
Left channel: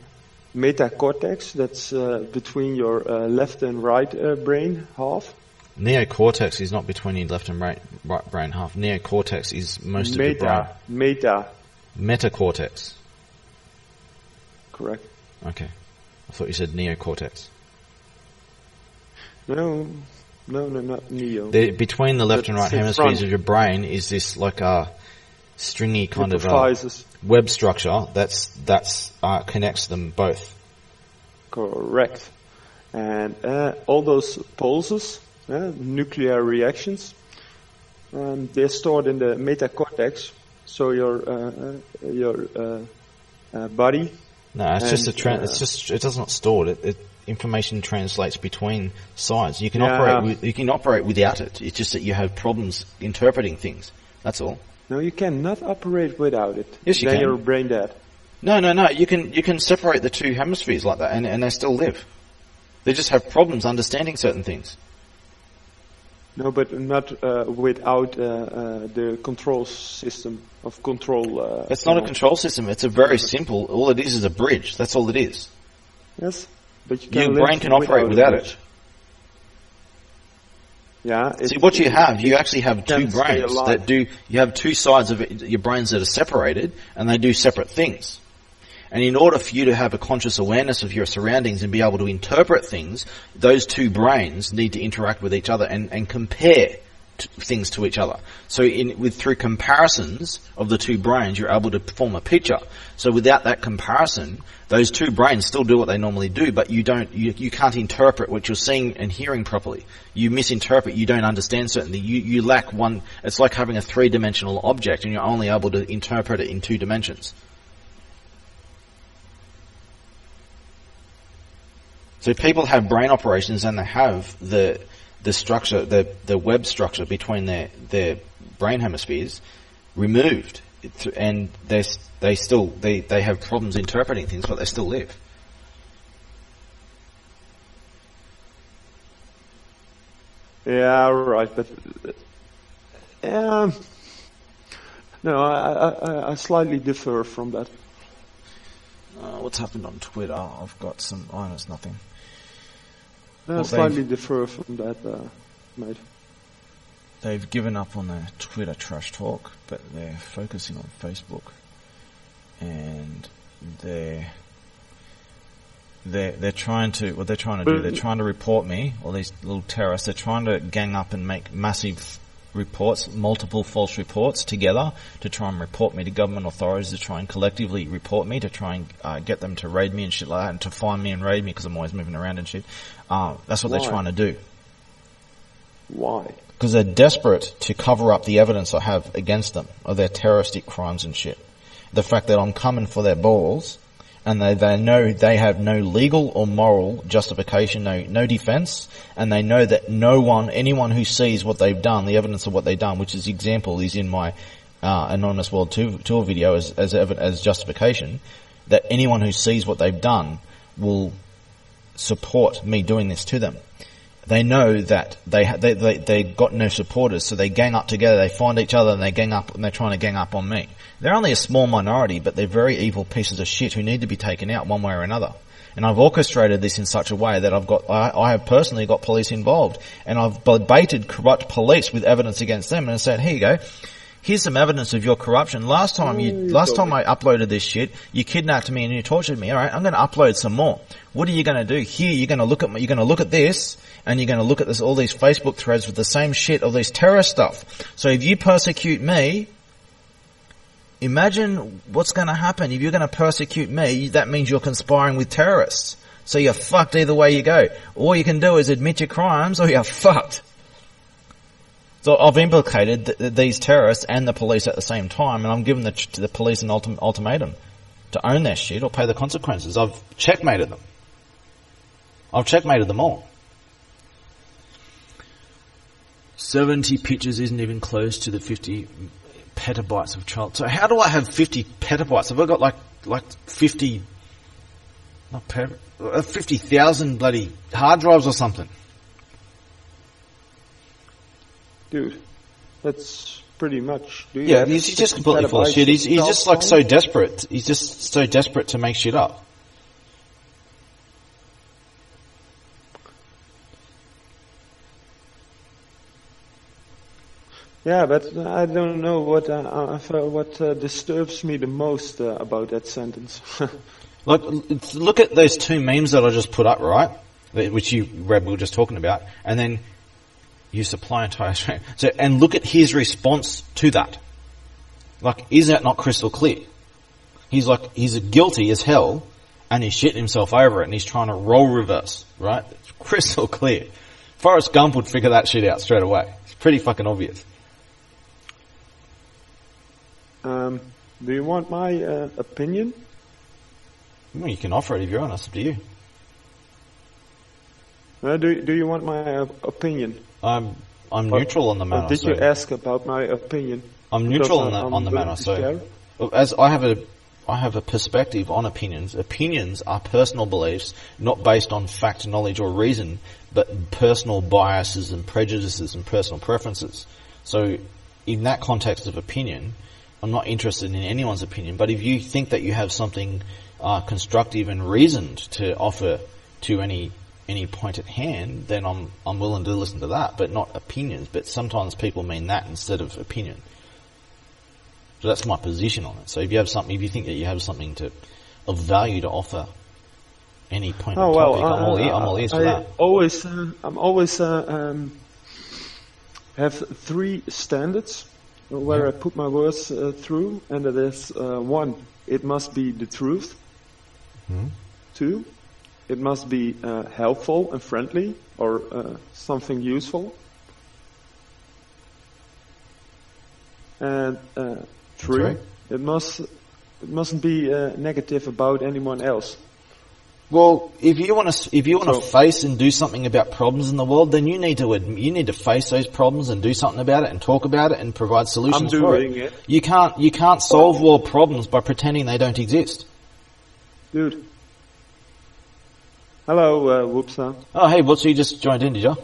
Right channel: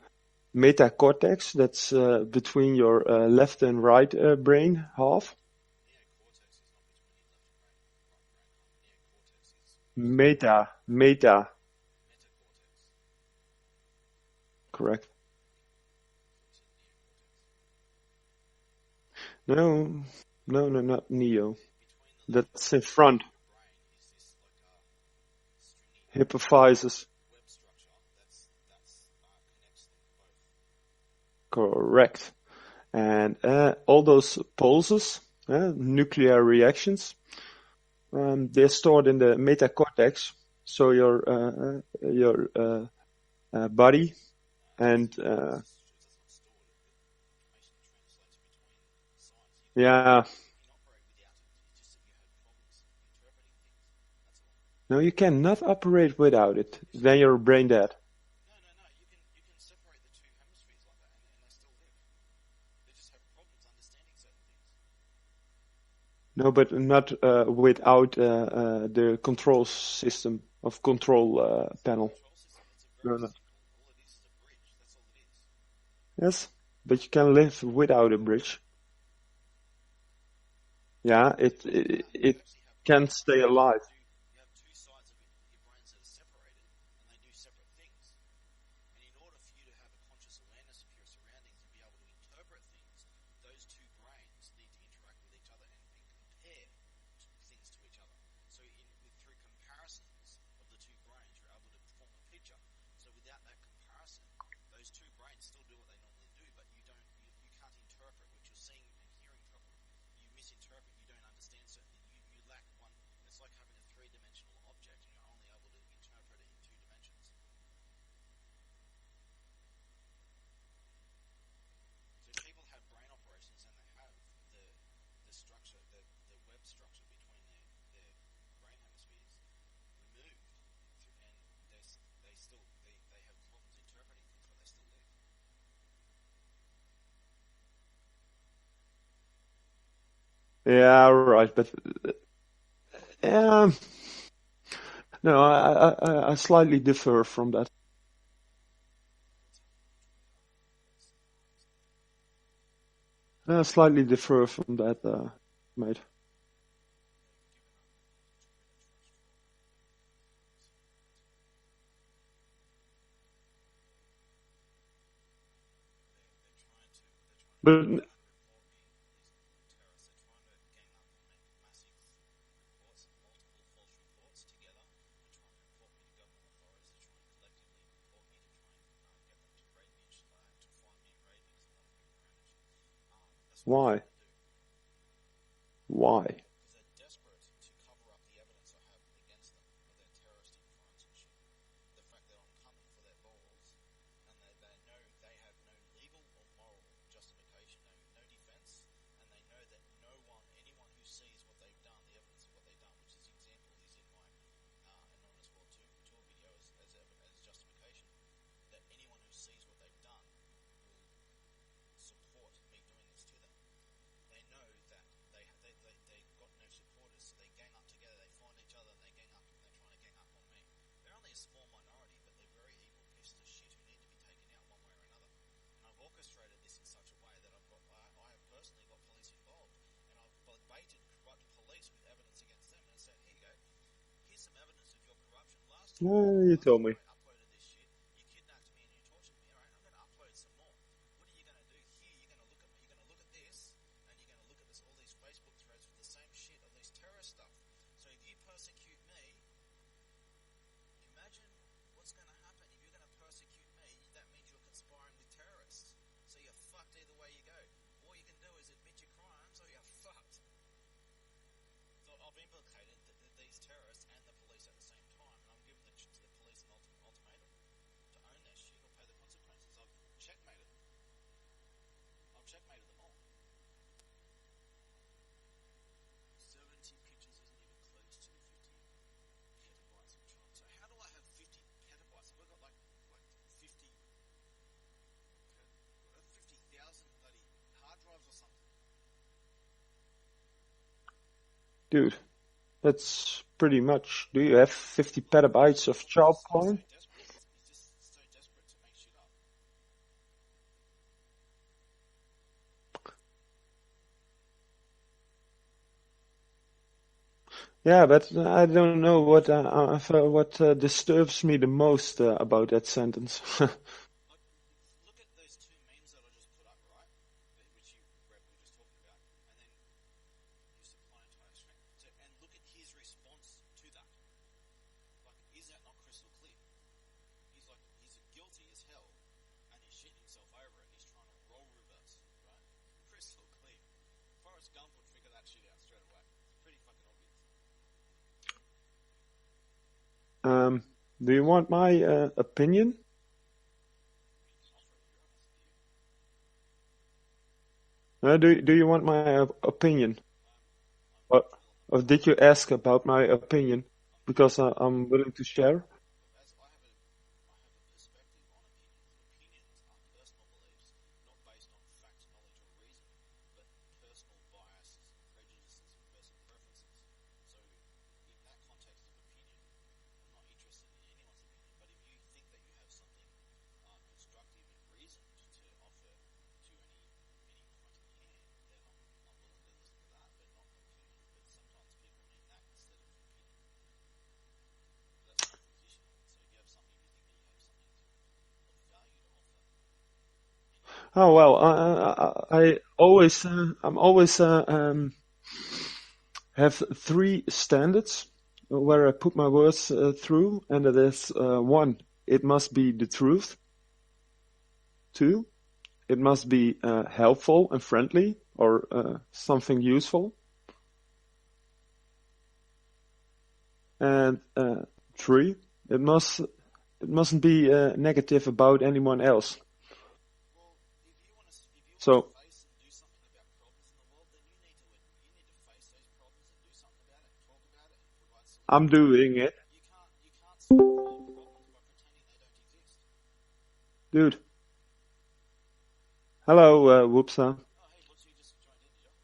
metacortex, that's between your left and right brain half. Neocortex is not between your left and right brain half. Neocortex is most of the brain. Metacortex. Correct. Okay. I thought you said neocortex. No, not neo. Between the left and right hemispheres of your brain is this like a stringy kind of web structure that's connects them both. Correct. And all those pulses, nuclear reactions, they're stored in the metacortex. So your body. No, it does not store it. Information translates between sides. You can operate without it. It's just that you have problems interpreting things. That's all. No, you cannot operate without it. Yes, you can. Then you're brain dead. No. You can separate the two hemispheres like that, and they still live. They just have problems understanding certain things. No, but not without the control system of control. It's not a control system. It's a very simple. All it is a bridge. That's all it is. Yes, but you can your brain can operate without it. Yeah. See, what you have, you actually have two brains that do. You have two sides of your brains that are separated, and they do separate things. And in order for you to have a conscious awareness of your surroundings and be able to interpret things, those two brains need to interact with each other and compare things to each other. So through comparisons of the two brains, you're able to form a picture. So without that comparison, those two brains still do what they normally do, but you can't interpret what you're seeing and hearing properly. You misinterpret, you don't understand certain things. You lack one. It's like having a three-dimensional object and you're only able to interpret it in two dimensions. So people have brain operations and they have the structure, the web structure between their brain hemispheres removed, and they have problems interpreting things, but they still live. Yeah, right, but no, I slightly differ from that. What's happened on Twitter? I've got some. Oh, it's nothing. I slightly differ from that, mate. They've given up on the Twitter trash talk, but they're focusing on Facebook, and they're trying to. What they're trying to do? They're trying to report me, or these little terrorists. They're trying to gang up and make massive reports, multiple false reports together to try and report me to government authorities, to try and collectively report me, to try and get them to raid me and shit like that, and to find me and raid me because I'm always moving around and shit. That's what they're trying to do. Why? Because they're desperate to cover up the evidence I have against them of their terroristic crimes and shit. The fact that I'm coming for their balls, and they know they have no legal or moral justification, no defense, and they know that anyone who sees what they've done, the evidence of what they've done, which is example is in my Anonymous World Tour video as justification, that anyone who sees what they've done will support me doing this to them. they know that they got no supporters, so they gang up together, they find each other and they gang up, and they're trying to gang up on me. They're only a small minority, but they're very evil pieces of shit who need to be taken out one way or another. And I've orchestrated this in such a way that I have personally got police involved, and I've baited corrupt police with evidence against them and said, here you go. Here's some evidence of your corruption. Last time I uploaded this shit, you kidnapped me and you tortured me. All right, I'm going to upload some more. What are you going to do? Here, you're going to look at this, and you're going to look at all these Facebook threads with the same shit, all this terrorist stuff. So if you persecute me, imagine what's going to happen. If you're going to persecute me, that means you're conspiring with terrorists. So you're fucked either way you go. All you can do is admit your crimes, or you're fucked. So I've implicated these terrorists and the police at the same time, and I'm giving the police an ultimatum to own their shit or pay the consequences. I've checkmated them. I've checkmated them all. 70 pictures isn't even close to the 50 petabytes of child. So how do I have 50 petabytes? Have I got like 50, not 50,000 bloody hard drives or something? Dude, that's pretty much. Do you have he's just completely full of shit. He's just like so desperate. He's just so desperate to make shit up. Yeah, but I don't know what disturbs me the most about that sentence. Look at those two memes that I just put up, right? Which we were just talking about, and then you supply entire Australia. So, and look at his response to that. Like, is that not crystal clear? He's guilty as hell, and he's shitting himself over it, and he's trying to role reverse, right? It's crystal clear. Forrest Gump would figure that shit out straight away. It's pretty fucking obvious. Do you want my opinion? Well, you can offer it if you're honest. Up to you. Do you want my opinion? I'm neutral on the matter. Did you ask about my opinion? I'm neutral on the matter. So, as I have a perspective on opinions. Opinions are personal beliefs, not based on fact, knowledge, or reason, but personal biases and prejudices and personal preferences. So, in that context of opinion, I'm not interested in anyone's opinion. But if you think that you have something constructive and reasoned to offer to any point at hand, then I'm willing to listen to that, but not opinions. But sometimes people mean that instead of opinion. So that's my position on it. So if you think that you have something of value to offer, any point. Oh well, I'm all ears for that. I'm always have three standards where I put my words through, and that is 1, it must be the truth. 2, it must be helpful and friendly, or something useful. And 3, it mustn't be negative about anyone else. Well, if you want to face and do something about problems in the world, then you need to face those problems and do something about it and talk about it and provide solutions. I'm doing it. You can't solve world problems by pretending they don't exist. Dude. Hello, Whoopsa. Oh, hey, Whoopsa, you just joined in, did you?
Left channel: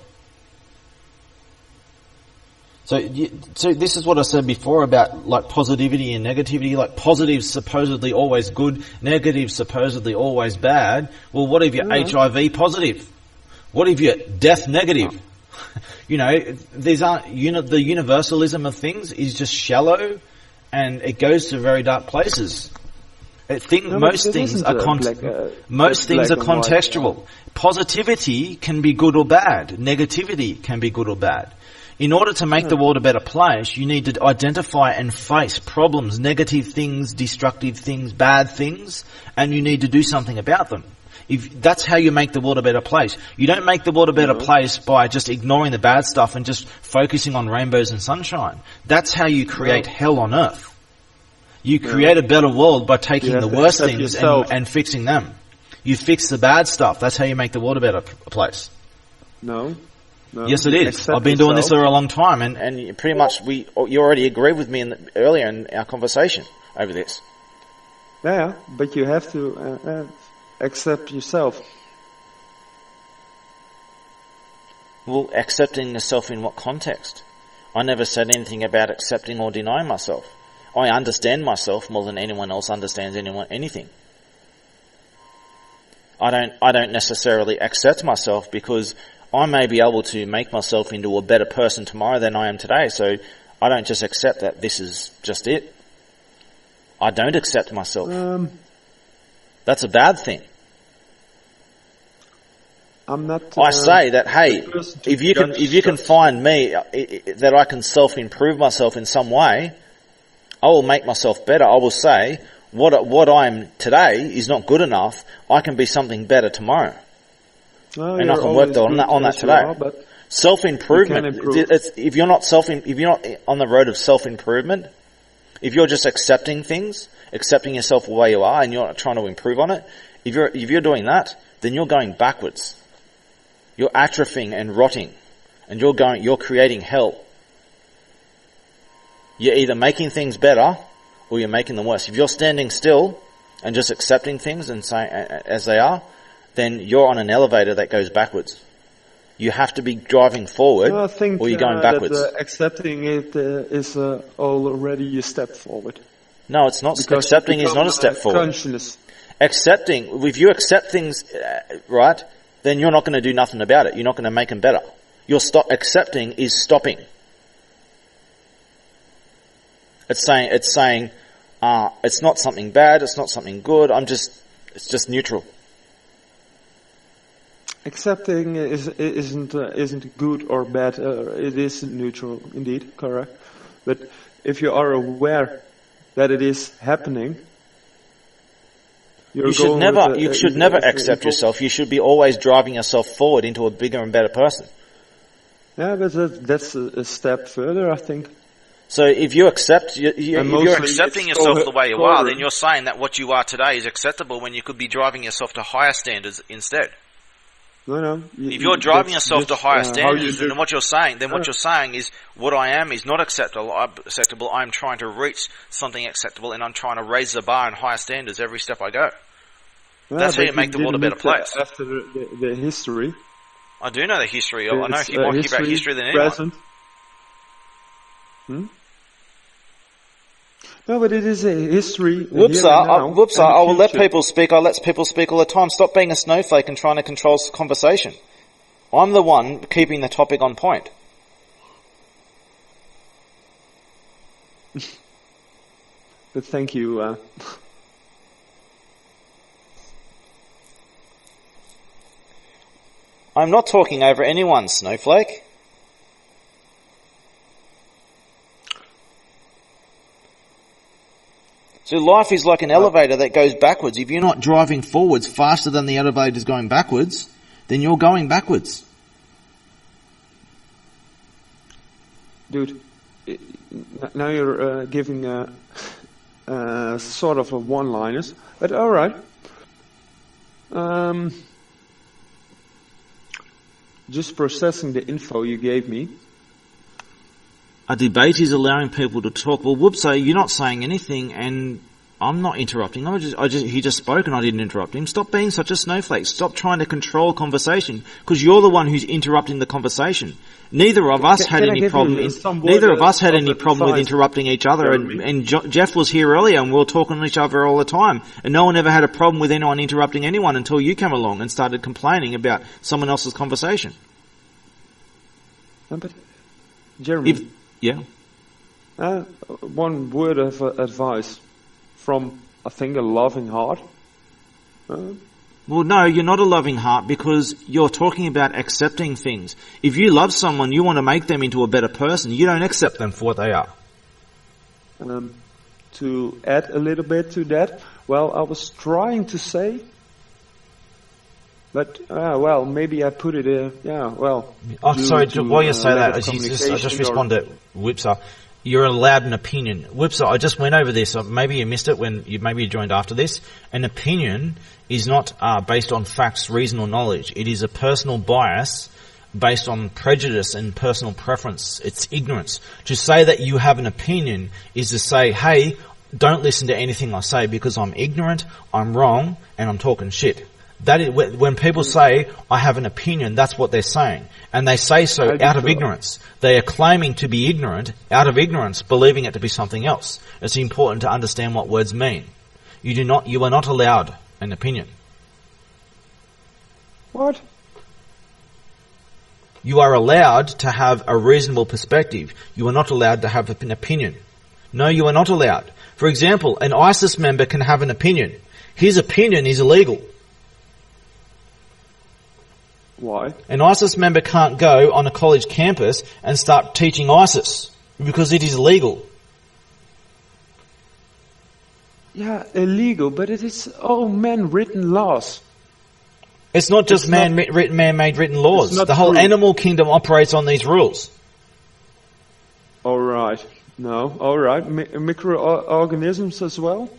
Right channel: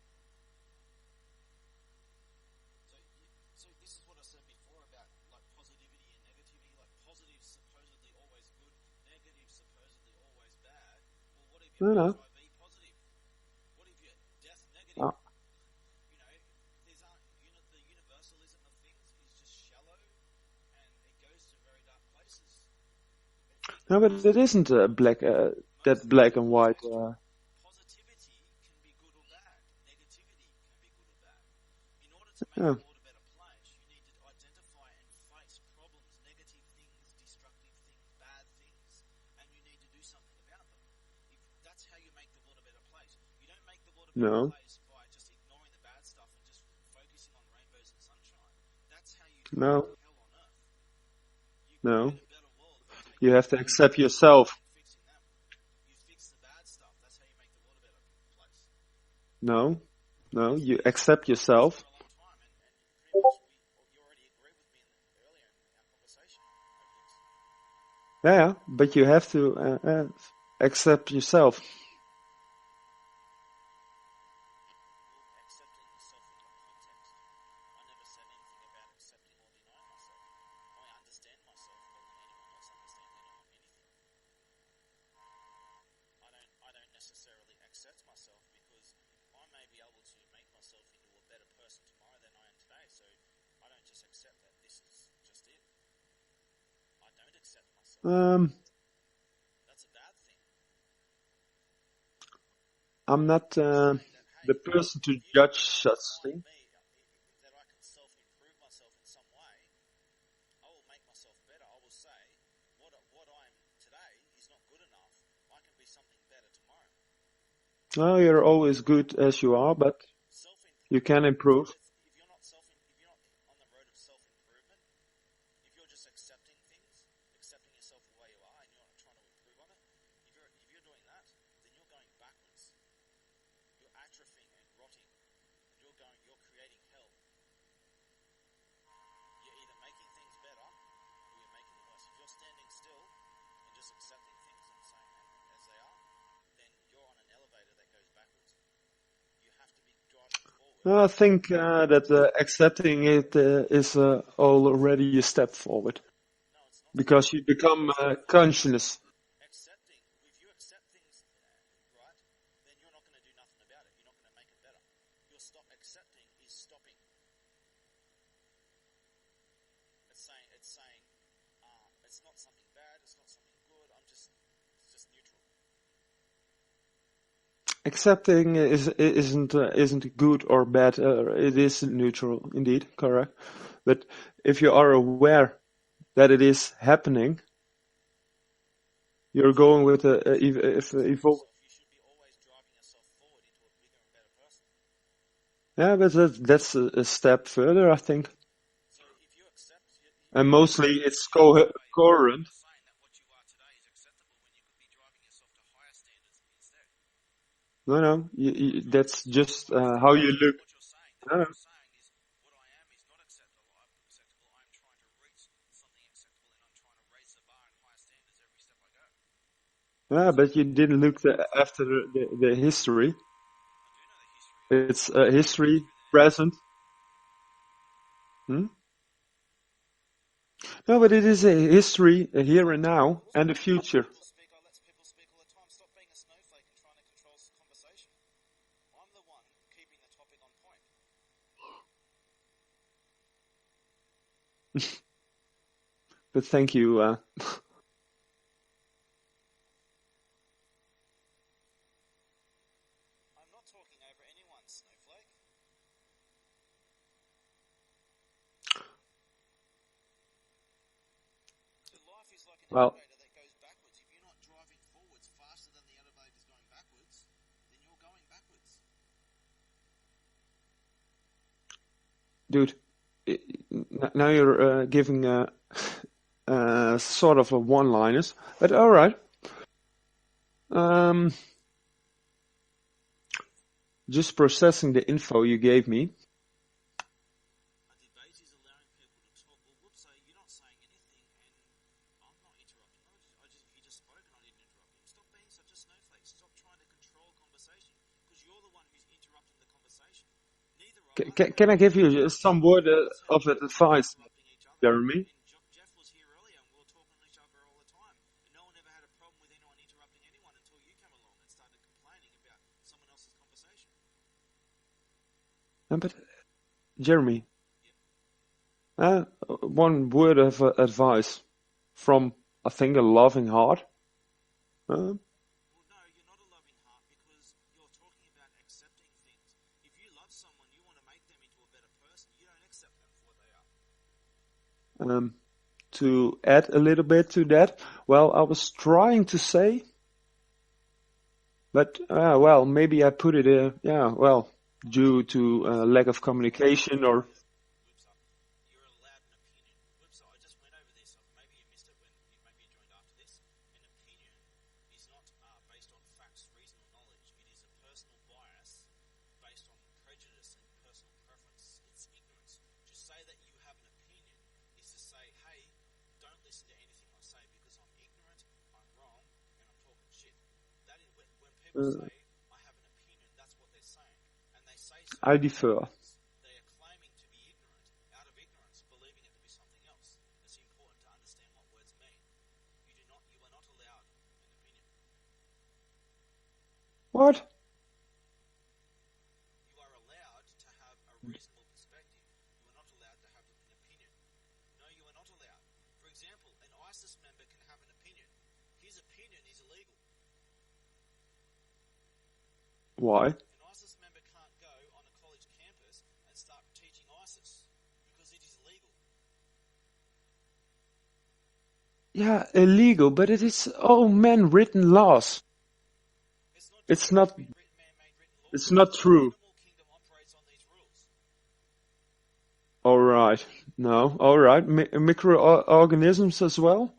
So this is what I said before about like positivity and negativity. Like positive's supposedly always good, negative's supposedly always bad. Well, what if you're HIV positive? What if you're death negative? Oh. You know, these aren't the universalism of things is just shallow, and it goes to very dark places. Most things are contextual. Positivity can be good or bad. Negativity can be good or bad. In order to make the world a better place, you need to identify and face problems, negative things, destructive things, bad things, and you need to do something about them. That's how you make the world a better place. You don't make the world a better place by just ignoring the bad stuff and just focusing on rainbows and sunshine. That's how you create hell on earth. You create a better world by taking the worst things and fixing them. You fix the bad stuff. That's how you make the world a better place. No, yes, it is. I've been doing this for a long time, and pretty much you already agreed with me earlier in our conversation over this. Yeah, but you have to accept yourself. Well, accepting yourself in what context? I never said anything about accepting or denying myself. I understand myself more than anyone else understands anything. I don't necessarily accept myself because I may be able to make myself into a better person tomorrow than I am today. So I don't just accept that this is just it. I don't accept myself. That's a bad thing. I'm not. I say that, hey, if you can find me that I can self-improve myself in some way, I will make myself better. I will say what I'm today is not good enough. I can be something better tomorrow. Oh, you're always good on that as you today. are, but Self-improvement. you can improve. If you're not on the road of self-improvement, if you're just accepting things, accepting yourself the way you are, and you're not trying to improve on it, if you're doing that, then you're going backwards. You're atrophying and rotting, and you're creating hell. You're either making things better or you're making them worse. If you're standing still and just accepting things and saying as they are, then you're on an elevator that goes backwards. You have to be driving forward, I think or you're going backwards. that accepting it is already a step forward. No, it's not. Because Accepting is not a step forward. Consciousness. Accepting, if you accept things, right, then you're not going to do nothing about it. You're not going to make them better. Accepting is stopping. It's saying it's not something bad, it's not something good. It's just neutral. Accepting isn't good or bad. It is neutral, indeed, correct. But if you are aware that it is happening, you should never accept yourself. You should be always driving yourself forward into a bigger and better person. Yeah, but that's a step further, I think. So if you accept, if you're accepting yourself the way you are, then you're saying that what you are today is acceptable when you could be driving yourself to higher standards instead. No. If you're driving yourself to higher standards, then what you're saying is what I am is not acceptable. I'm trying to reach something acceptable, and I'm trying to raise the bar and higher standards every step I go. That's how you make the world a better place. After the history, I do know the history. I know more about history than anyone. Present. No, but it is a history here and now. I will let people speak. I let people speak all the time. Stop being a snowflake and trying to control conversation. I'm the one keeping the topic on point. But thank you. I'm not talking over anyone, snowflake. So life is like an elevator that goes backwards. If you're not driving forwards faster than the elevator is going backwards, then you're going backwards. Dude, now you're giving sort of a one-liners, but all right. Just processing the info you gave me. A debate is allowing people to talk. Well, whoops, so you're not saying anything and I'm not interrupting. He just spoke and I didn't interrupt him. Stop being such a snowflake. Stop trying to control conversation because you're the one who's interrupting the conversation. Neither of us had any problem with interrupting each other. And Jeff was here earlier and we were talking to each other all the time. And no one ever had a problem with anyone interrupting anyone until you came along and started complaining about someone else's conversation. But Jeremy... Yeah. One word of advice from, I think, a loving heart. Well, no, you're not a loving heart because you're talking about accepting things. If you love someone, you want to make them into a better person. You don't accept them for what they are. To add a little bit to that, well, I was trying to say, but, well, maybe I put it, sorry, while you say that, I just respond to Whipser. You're allowed an opinion. Whipser, I just went over this. Maybe you missed it when you joined after this. An opinion is not based on facts, reason, or knowledge. It is a personal bias based on prejudice and personal preference. It's ignorance. To say that you have an opinion is to say, hey, don't listen to anything I say because I'm ignorant, I'm wrong, and I'm talking shit. That is, when people say, I have an opinion, that's what they're saying. And they say so out of ignorance. They are claiming to be ignorant, out of ignorance, believing it to be something else. It's important to understand what words mean. You are not allowed an opinion. What? You are allowed to have a reasonable perspective. You are not allowed to have an opinion. No, you are not allowed. For example, an ISIS member can have an opinion. His opinion is illegal. Why? An ISIS member can't go on a college campus and start teaching ISIS because it is illegal. Yeah, illegal, but it is all man-written laws. It's not just man-made written laws. The whole animal kingdom operates on these rules. All right. No, all right. Microorganisms as well?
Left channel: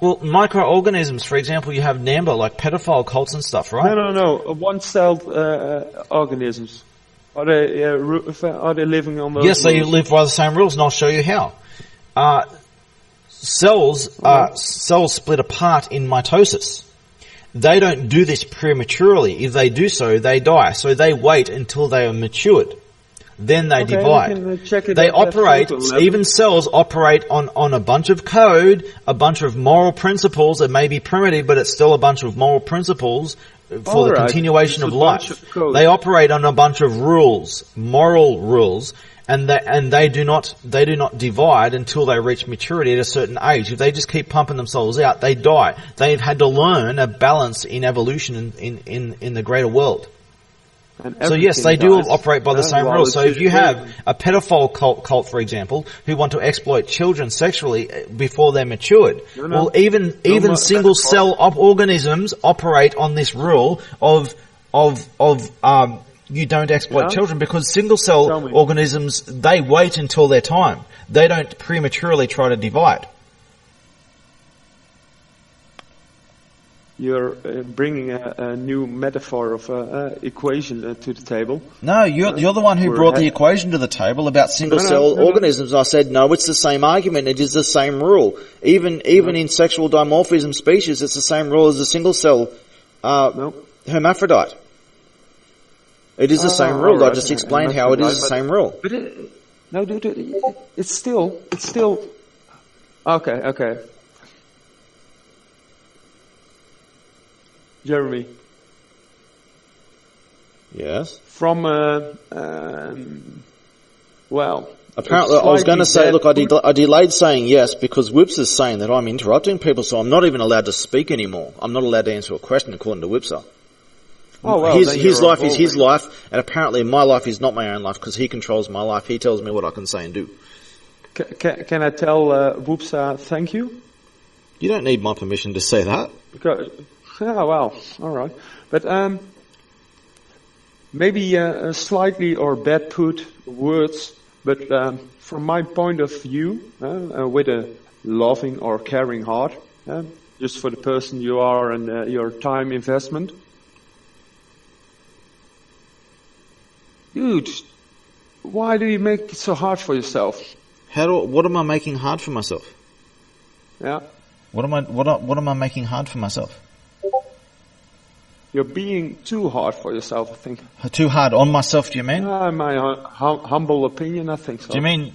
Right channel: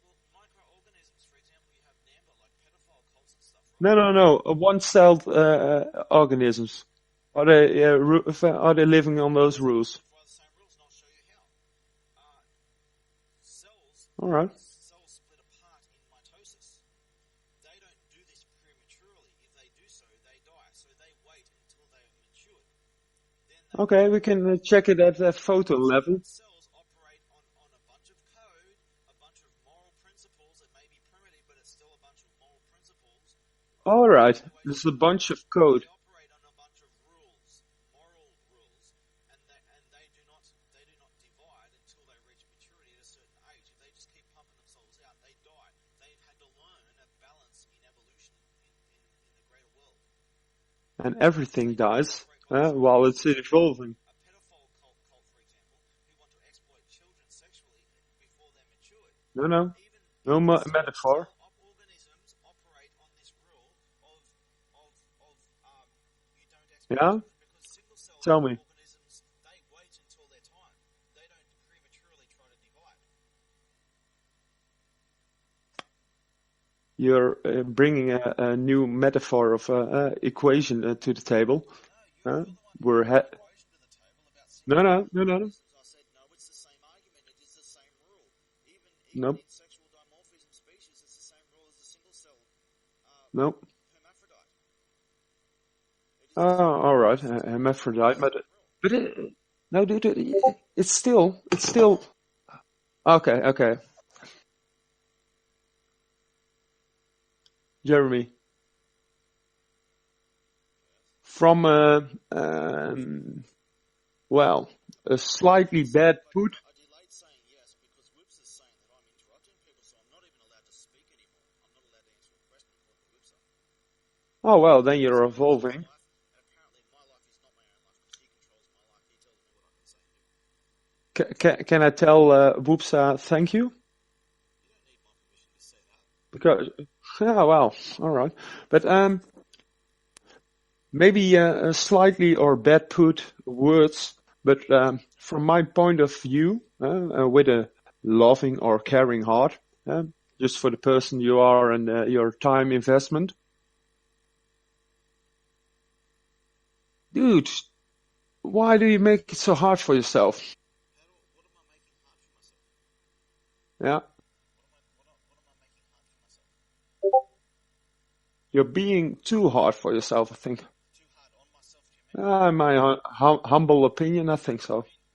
Well, microorganisms, for example, you have NAMBLA, like pedophile cults and stuff, right? No. One-celled organisms. Are they living on those rules? Yes, they live by the same rules, and I'll show you how. Cells split apart in mitosis. They don't do this prematurely. If they do so, they die. So they wait until they are matured. Then they divide. We can check it. They operate, even cells operate on a bunch of code, a bunch of moral principles. It may be primitive, but it's still a bunch of moral principles for the continuation of life. They operate on a bunch of rules, moral rules, and they do not divide until they reach maturity at a certain age. If they just keep pumping themselves out, they die. They've had to learn a balance in evolution in the greater world. So yes, they do operate by the same rules. So if you have a pedophile cult, for example, who want to exploit children sexually before they're matured, well, even single cell organisms operate on this rule of you don't exploit children, because single cell organisms, they wait until their time. They don't prematurely try to divide. You're bringing a new metaphor of equation to the table. No, you're the one who brought the equation to the table about single-cell organisms. I said, no, it's the same argument. It is the same rule. Even in sexual dimorphism species, it's the same rule as a single-cell hermaphrodite. It is the same rule. Right. I just explained how it is the same rule. But it's still... Okay. Jeremy. Yes. From apparently, I was going to say, look, I delayed saying yes because Whips is saying that I'm interrupting people, so I'm not even allowed to speak anymore. I'm not allowed to answer a question according to Whipser. Oh well, his life is his life, and apparently my life is not my own life because he controls my life. He tells me what I can say and do. Can I tell Whipser thank you? You don't need my permission to say that. Because. Yeah, well, all right. But maybe slightly or bad put words, but from my point of view, with a loving or caring heart, just for the person you are and your time investment. Dude, why do you make it so hard for yourself? What am I making hard for myself? Yeah. What am I making hard for myself? You're being too hard for yourself, I think. Too hard on myself, do you mean? My humble opinion, I think so. Do you mean...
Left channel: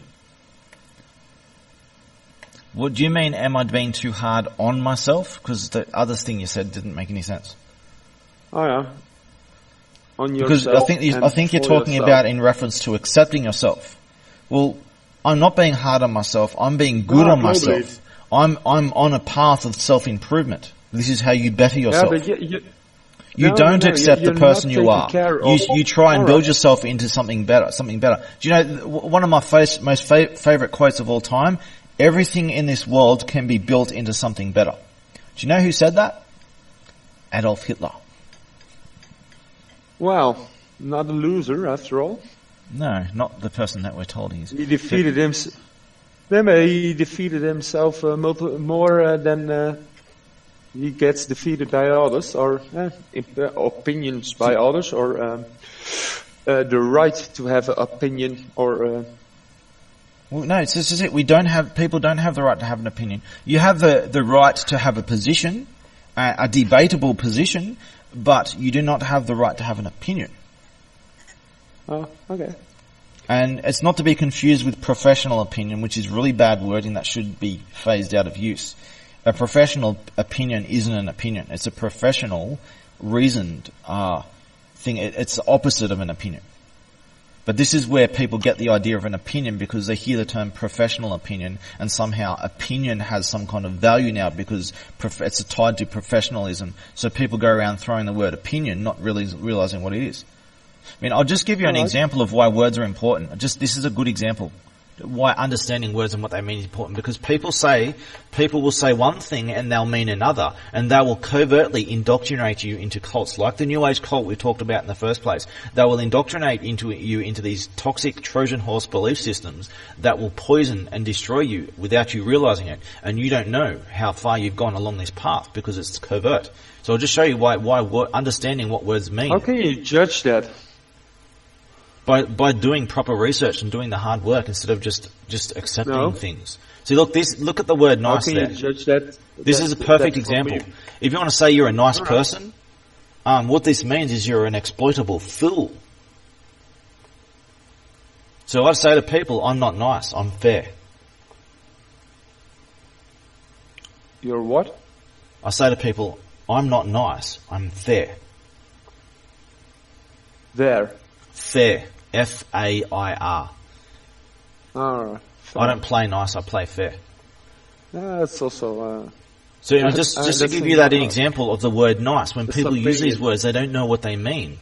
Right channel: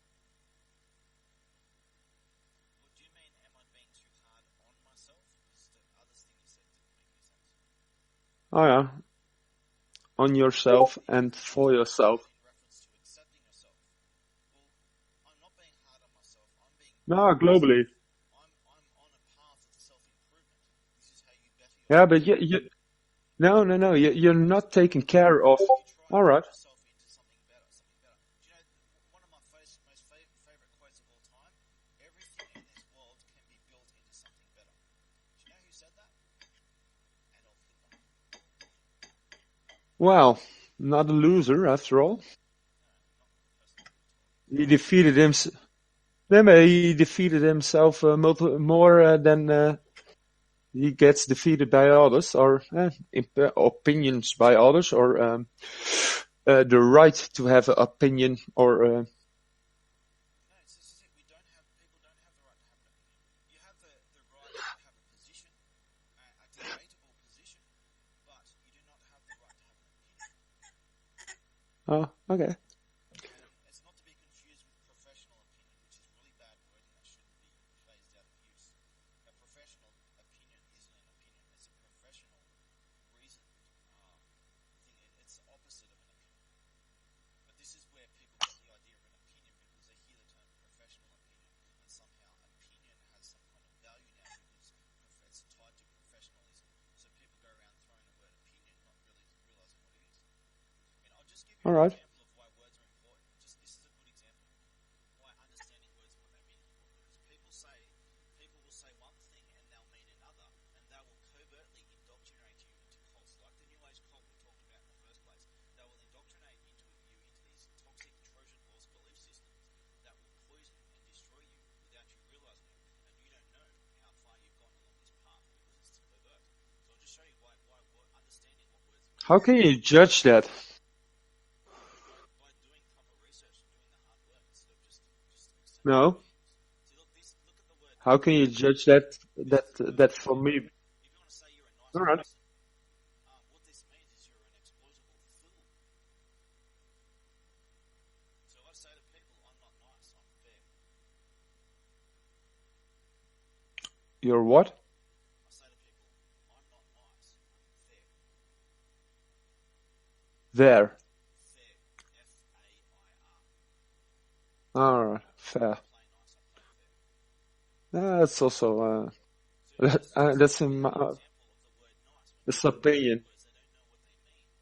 What do you mean, am I being too hard on myself? Because the other thing you said didn't make any sense. Oh, yeah. On yourself. Because I think you're talking about in reference to accepting yourself. Well, I'm not being hard on myself. I'm being good on myself. I'm on a path of self-improvement. This is how you better yourself. Yeah, but you don't accept the person you are. You try and build yourself into something better. Do you know one of my most favorite quotes of all time? Everything in this world can be built into something better. Do you know who said that? Adolf Hitler. Well, not a loser after all. No, not the person that we're told he is. He defeated himself. He defeated himself more than he gets defeated by others, or opinions by others, or the right to have an opinion, or. Well, no, it's just it. People don't have the right to have an opinion. You have the right to have a position, a debatable position, but you do not have the right to have an opinion. Oh, okay. And it's not to be confused with professional opinion, which is really bad wording that should be phased out of use. A professional opinion isn't an opinion. It's a professional, reasoned thing. It's the opposite of an opinion. But this is where people get the idea of an opinion because they hear the term professional opinion, and somehow opinion has some kind of value now because it's tied to professionalism. So people go around throwing the word opinion, not really realizing what it is. I mean, I'll just give you an example of why words are important. This is a good example. Why understanding words and what they mean is important, because people will say one thing and they'll mean another, and they will covertly indoctrinate you into cults, like the New Age cult we talked about in the first place. They will indoctrinate you into these toxic Trojan horse belief systems that will poison and destroy you without you realizing it, and you don't know how far you've gone along this path because it's covert. So I'll just show you why understanding what words mean. How can you judge that? By doing proper research and doing the hard work instead of just accepting things. See, look at the word nice. How can you judge that? This is a perfect example. If you want to say you're a nice person, what this means is you're an exploitable fool. So I say to people, I'm not nice, I'm fair. You're what? I say to people, I'm not nice, I'm fair. There. Fair. F-A-I-R. Alright. I don't play nice, I play fair. That's also... So just to give you that example of the word nice, when people use these words, they don't know what they mean.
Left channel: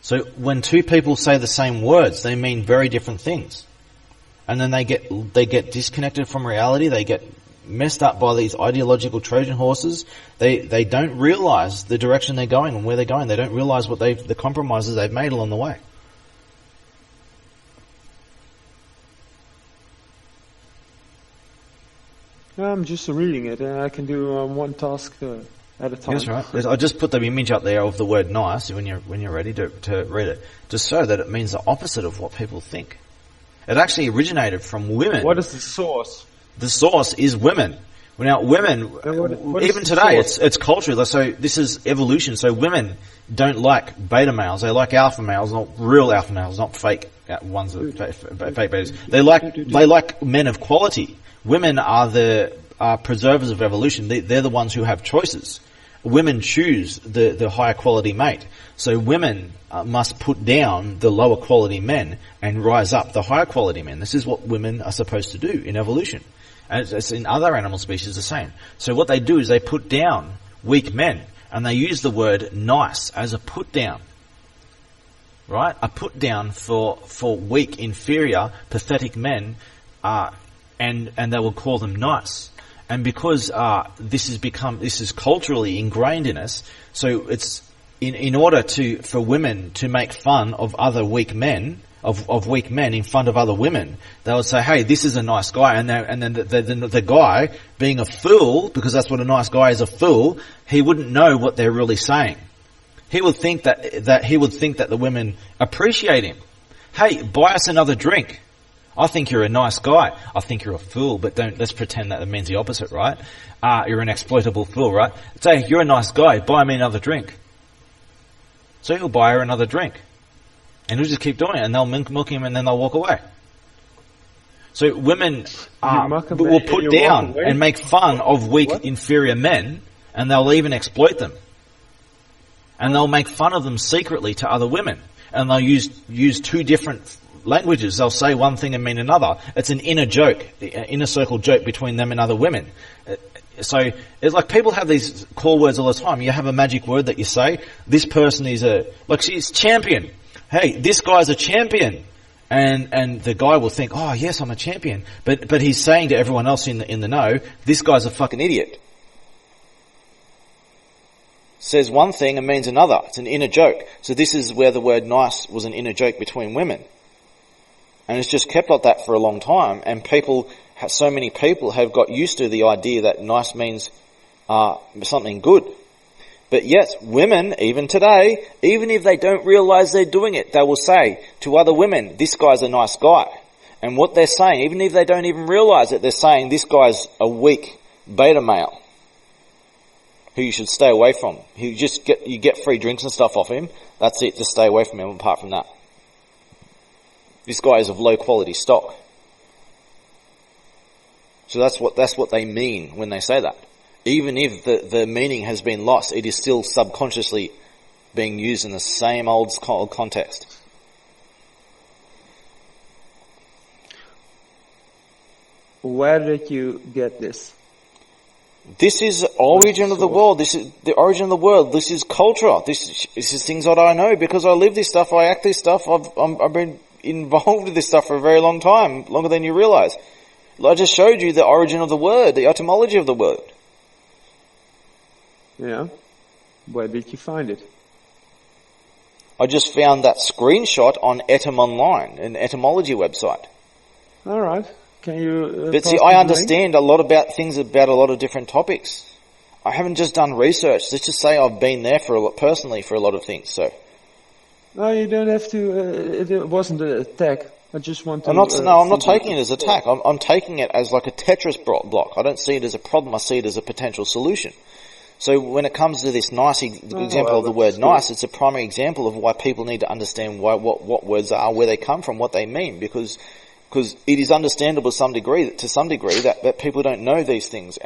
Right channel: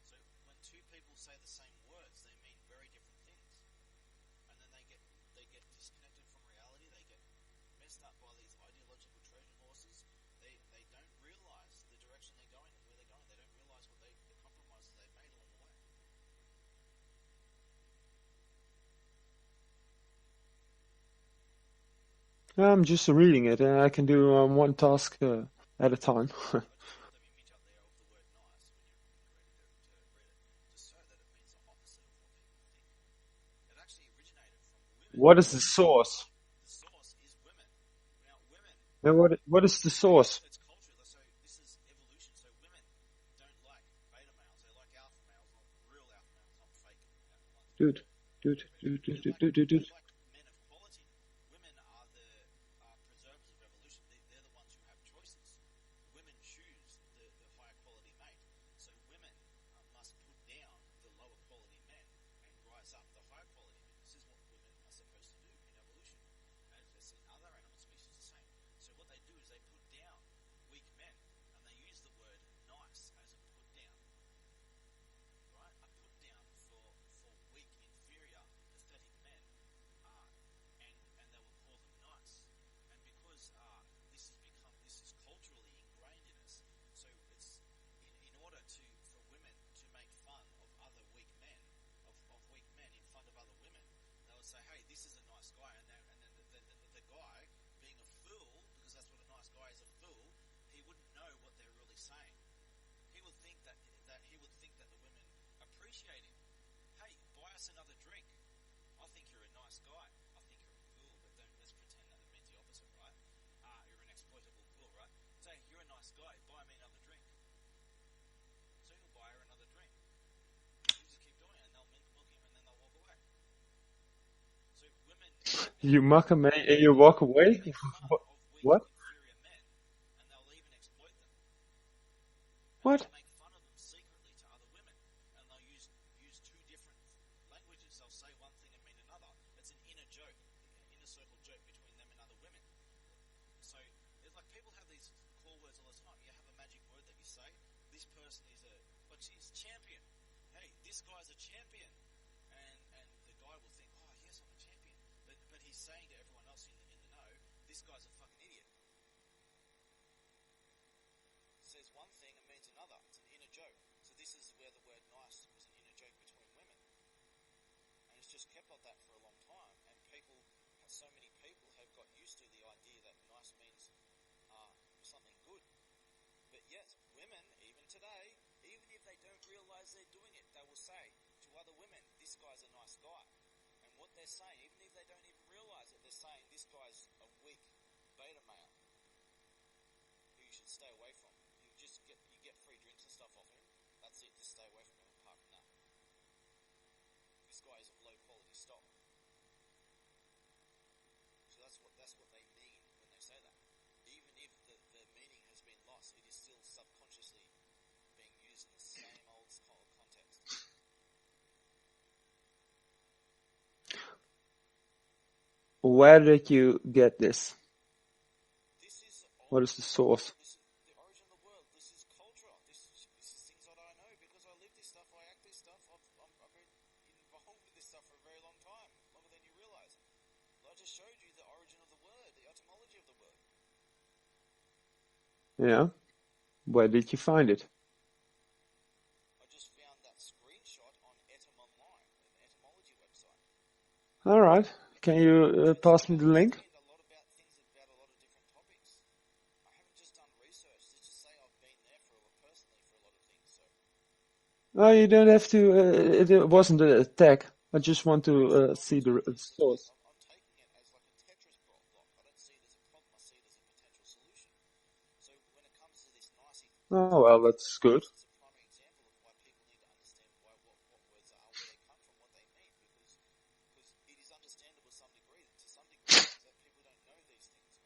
So when two people say the same words, they mean very different things. And then they get disconnected from reality, they get messed up by these ideological Trojan horses. They don't realize the direction they're going and where they're going. They don't realize the compromises they've made along the way. I'm just reading it, and I can do one task at a time. That's right. I just put the image up there of the word nice when you're ready to read it, just so that it means the opposite of what people think. It actually originated from women. What is the source? The source is women. Now, women, what even today, it's culture. So this is evolution. So women don't like beta males. They like alpha males, not real alpha males, not fake ones, fake betas. They like men of quality. Women are the preservers of evolution. They're the ones who have choices. Women choose the higher quality mate. So women must put down the lower quality men and rise up the higher quality men. This is what women are supposed to do in evolution. And it's in other animal species the same. So what they do is they put down weak men, and they use the word nice as a put down. Right? A put down for weak, inferior, pathetic men, and they will call them nice. And because this is culturally ingrained in us, so it's in order for women to make fun of other weak men, of weak men in front of other women, they would say, "Hey, this is a nice guy," and then the guy, being a fool, because that's what a nice guy is, a fool, he wouldn't know what they're really saying. He would think that the women appreciate him. Hey, buy us another drink. I think you're a nice guy. I think you're a fool, but let's pretend that it means the opposite, right? You're an exploitable fool, right? Say, you're a nice guy, buy me another drink. So he'll buy her another drink. And he'll just keep doing it, and they'll milk him, and then they'll walk away. So women will put down and make fun of weak, inferior men, and they'll even exploit them. And they'll make fun of them secretly to other women. And they'll use two different languages. They'll say one thing and mean another. It's an inner joke, inner circle joke between them and other women. So it's like people have these core words all the time. You have a magic word that you say. This person is she's champion. Hey, this guy's a champion. And the guy will think, oh yes, I'm a champion. But he's saying to everyone else in the know, this guy's a fucking idiot. Says one thing and means another. It's an inner joke. So this is where the word nice was an inner joke between women. And it's just kept like that for a long time. And so many people have got used to the idea that nice means something good. But yes, women, even today, even if they don't realize they're doing it, they will say to other women, this guy's a nice guy. And what they're saying, even if they don't even realize it, they're saying this guy's a weak beta male. who you should stay away from. You get free drinks and stuff off him. That's it. Just stay away from him. Apart from that, this guy is of low quality stock. So that's what they mean when they say that. Even if the meaning has been lost, it is still subconsciously being used in the same old context. Where did you get this? This is origin of the world. This is the origin of the world. This is culture. This is things that I know because I live this stuff. I act this stuff. I've been involved with this stuff for a very long time, longer than you realize. I just showed you the origin of the word, the etymology of the word. Yeah. Where did you find it? I just found that screenshot on Etym Online, an etymology website. All right. Can you But see, I understand a lot about things about a lot of different topics. I haven't just done research. Let's just say I've been there personally for a lot of things. So. No, you don't have to. It wasn't an attack. I just want to. I'm not taking it as an attack. I'm taking it as like a Tetris block. I don't see it as a problem. I see it as a potential solution. So when it comes to this nice example of the word nice, it's a primary example of why people need to understand what words are, where they come from, what they mean, because it is understandable to some degree that people don't know these things,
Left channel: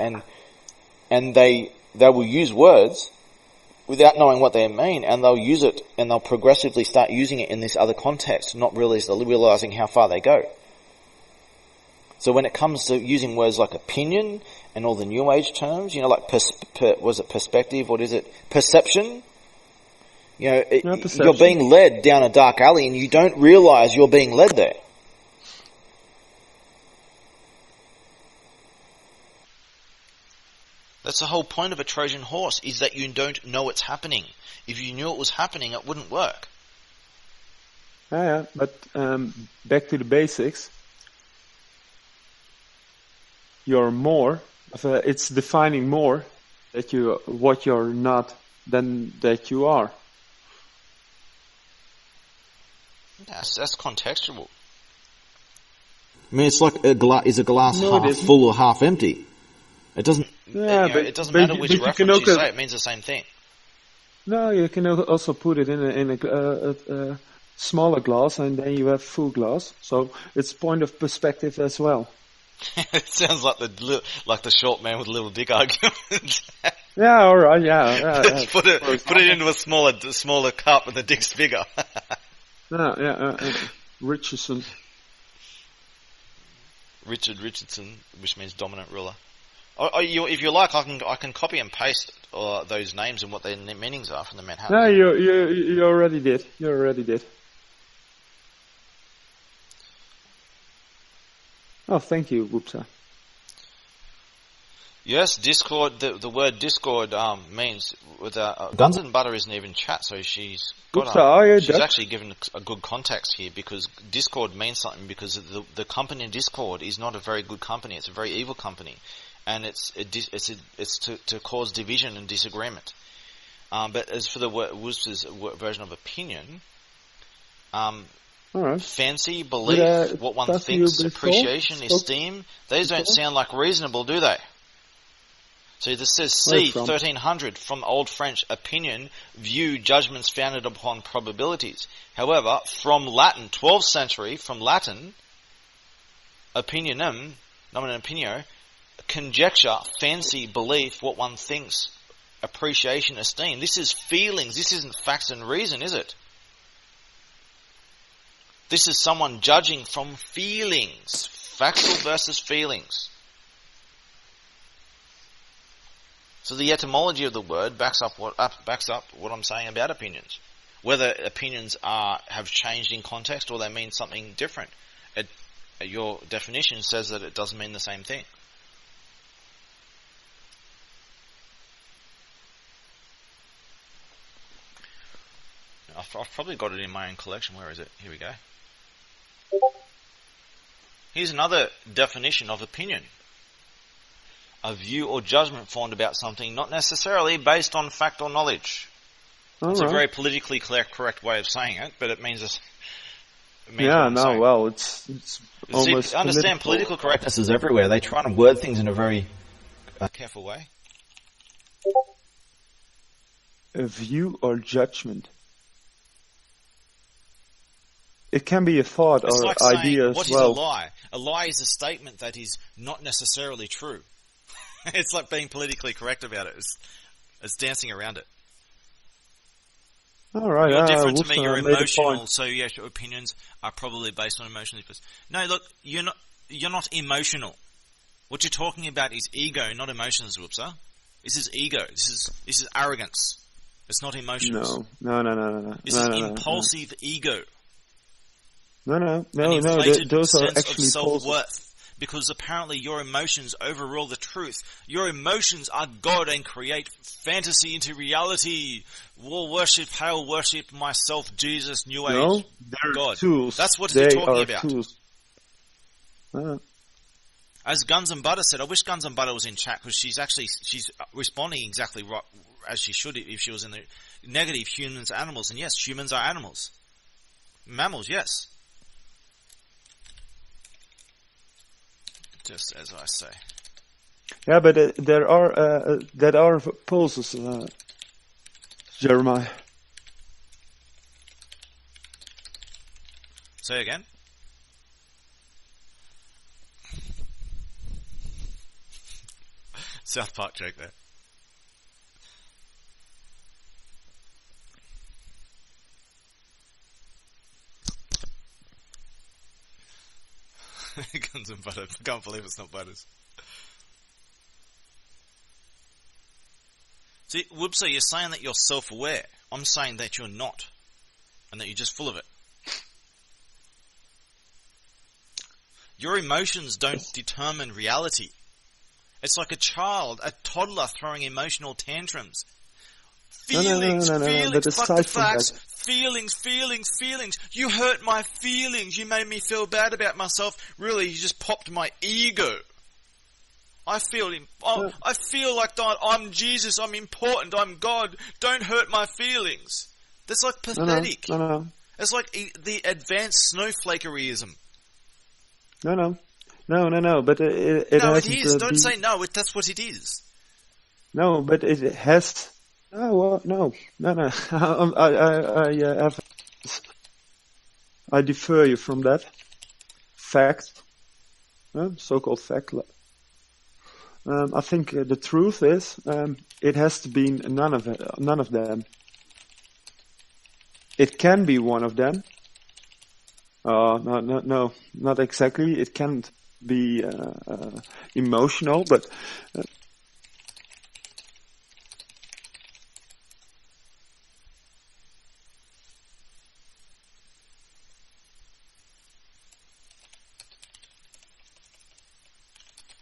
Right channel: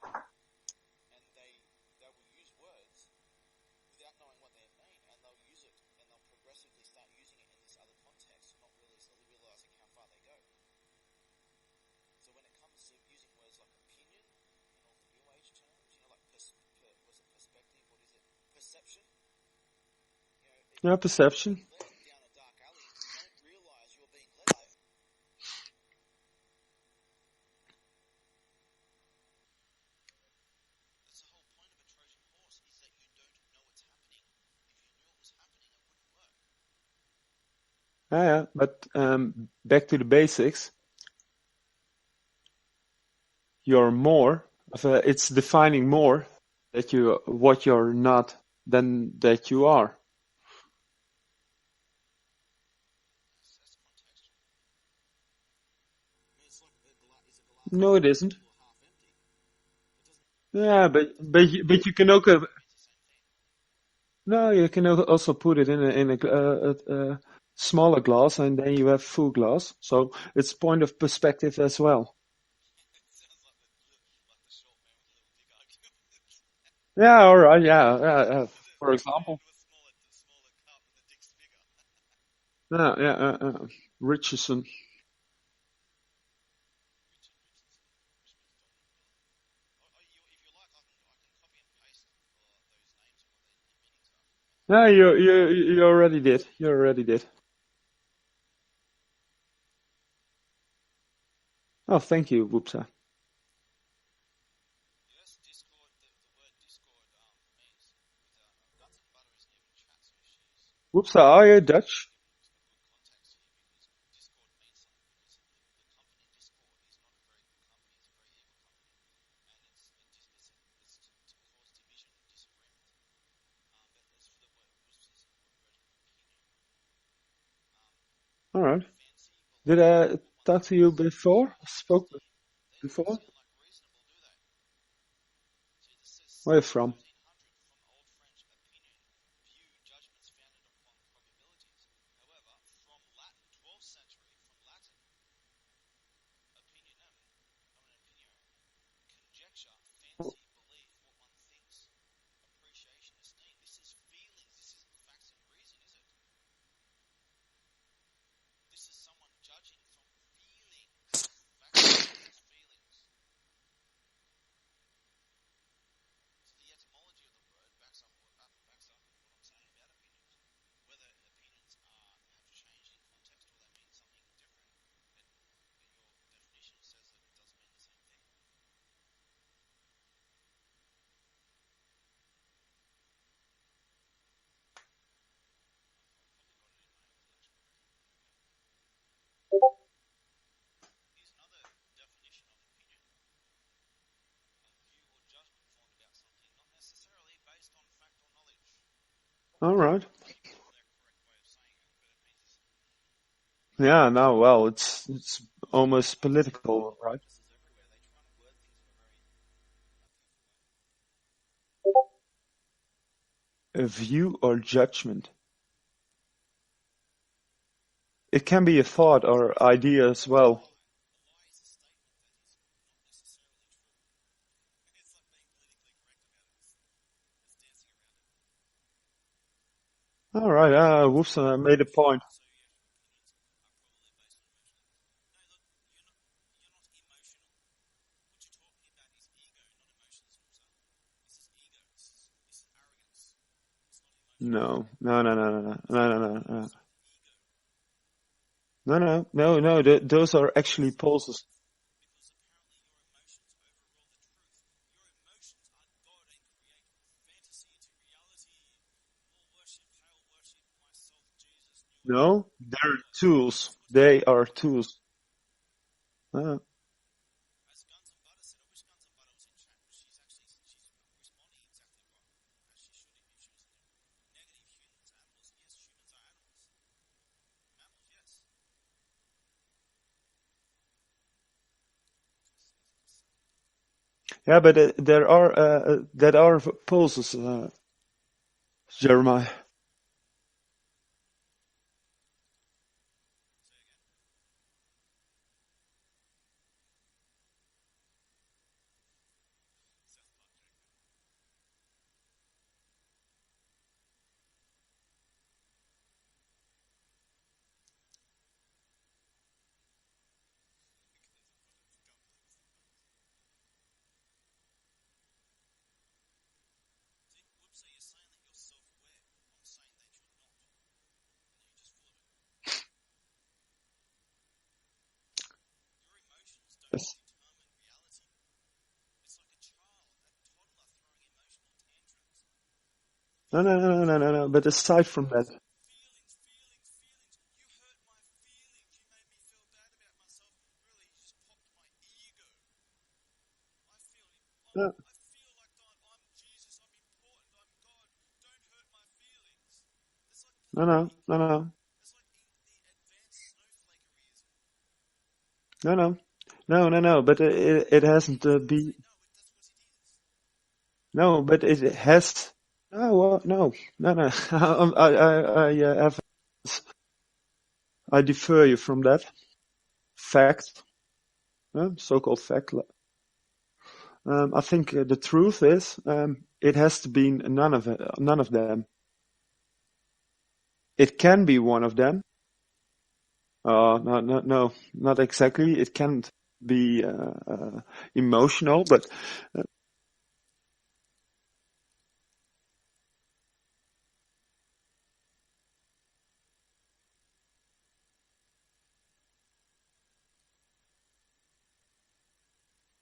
and they will use words without knowing what they mean, and they'll use it, and they'll progressively start using it in this other context, not realizing how far they go. So when it comes to using words like opinion and all the New Age terms, like perspective? What is it? Perception? Perception. You're being led down a dark alley, and you don't realize you're being led there. That's the whole point of a Trojan horse, is that you don't know it's happening. If you knew it was happening, it wouldn't work. Yeah, but back to the basics. You're more. It's defining more that what you're not than that you are. That's contextual. I mean, it's like is a glass half full or half empty? It doesn't. Yeah, it doesn't matter which reference you say. It means the same thing. No, you can also put it in a smaller glass, and then you have full glass. So it's point of perspective as well. It sounds like the short man with a little dick argument. Yeah, all right, yeah. put it into a smaller cup, and the dick's bigger. Richardson. Richardson, which means dominant ruler. If you like, I can copy and paste those names and what their meanings are from the Manhattan. No, you already did. You already did. Oh, thank you, Whoopsa. Yes, Discord. The word Discord means Guns and Butter isn't even chat, so she's actually given a good context here, because Discord means something, because the company in Discord is not a very good company. It's a very evil company, and it's to cause division and disagreement. But as for the Wooster's version of opinion, right. Fancy, belief, what one thinks, appreciation, esteem, those don't sound like reasonable, do they? So this says C, 1300, from Old French, opinion, view, judgments founded upon probabilities. However, from Latin, 12th century, from Latin, opinionum, nomen opinio, conjecture, fancy, belief, what one thinks, appreciation, esteem. This is feelings. This isn't facts and reason, is it? This is someone judging from feelings. Factual versus feelings. So the etymology of the word backs up what I'm saying about opinions. Whether opinions have changed in context or they mean something different. Your definition says that it doesn't mean the same thing. I've probably got it in my own collection. Where is it? Here we go. Here's another definition of opinion. A view or judgment formed about something, not necessarily based on fact or knowledge. It's a very politically correct way of saying it, but it means it's... it's almost See, understand political correctness is everywhere. They try to word things in a very careful way. a view or judgment. It can be a thought It's or like idea saying, as what well. is a lie? A lie is a statement that is not necessarily true. It's like being politically correct about it. It's dancing around it. All right, You're different to me. Wolfson You're made a emotional, point. so yes, your opinions are probably based on emotional. No, look, you're not. You're not emotional. What you're talking about is ego, not emotions, Whoopsa. This is ego. This is arrogance. It's not emotions. No. This is impulsive ego. No. Inflated Those are sense actually of pulses. self-worth. Because apparently your emotions overrule the truth. Your emotions are God and create fantasy into reality. War worship, hail worship, myself, Jesus, New Age, No, they're God. tools. That's what They you're talking are about. tools. As Guns and Butter said, I wish Guns and Butter was in chat because she's responding exactly right as she should if she was in the negative humans, animals. And yes, humans are animals. Mammals, yes. Just as I say. Yeah, but there are pulses, Jeremiah. Say again? South Park joke there. Guns and Butter. I can't believe it's not Butters. See, Whoopsie, you're saying that you're self-aware. I'm saying that you're not. And that you're just full of it. Your emotions don't determine reality. It's like a child, a toddler throwing emotional tantrums. Feelings, No. feelings, But aside from facts, that, feelings. You hurt my feelings. You made me feel bad about myself. Really, you just popped my ego. I feel like I'm Jesus. I'm important. I'm God. Don't hurt my feelings. That's like pathetic. No. It's like the advanced snowflakeryism. No. But it No, it hasn't. is. Don't say no. That's what it is. No, but it has. No. I defer you from that fact, so-called fact. I think the truth is it has to be none of them. It can be one of them. No, not exactly. It can't be emotional, but.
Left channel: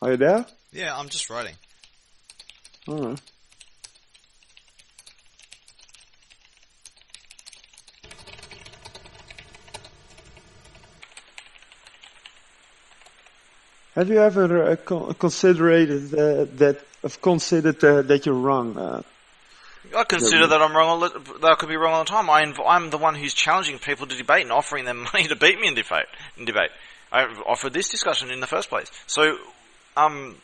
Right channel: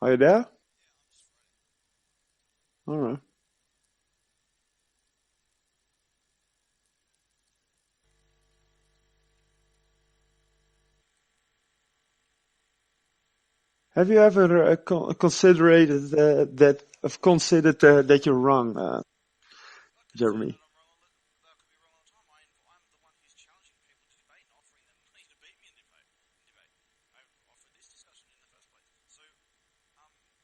Are you there? Yeah, I'm just writing. All right. Have you ever considered that you're wrong? I consider that I'm wrong. That I could be wrong all the time. I'm the one who's challenging people to debate and offering them money to beat me in debate. I offered this discussion in the first place. So, when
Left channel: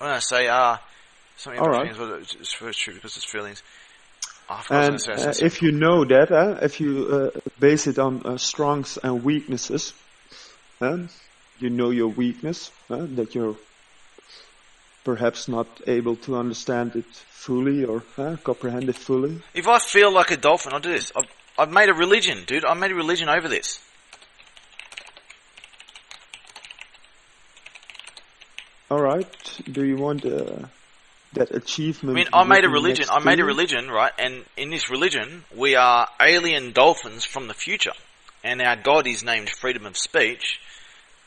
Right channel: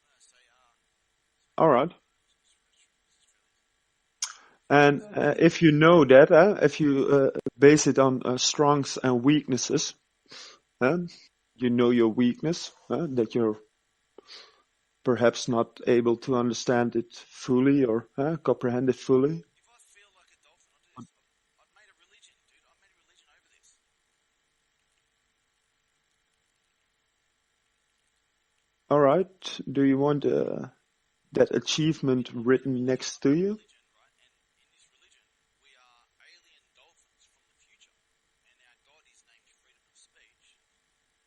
I say something all right. It's true because it's feelings. And if you know that, if you base it on strengths and weaknesses, you know your weakness, that you're perhaps not able to understand it fully or comprehend it fully. If I feel like a dolphin, I'll do this. I've made a religion, dude. I've made a religion over this. All right. Do you want that achievement? I made a religion. I made a religion, right? And in this religion, we are alien dolphins from the future, and our god is named freedom of speech.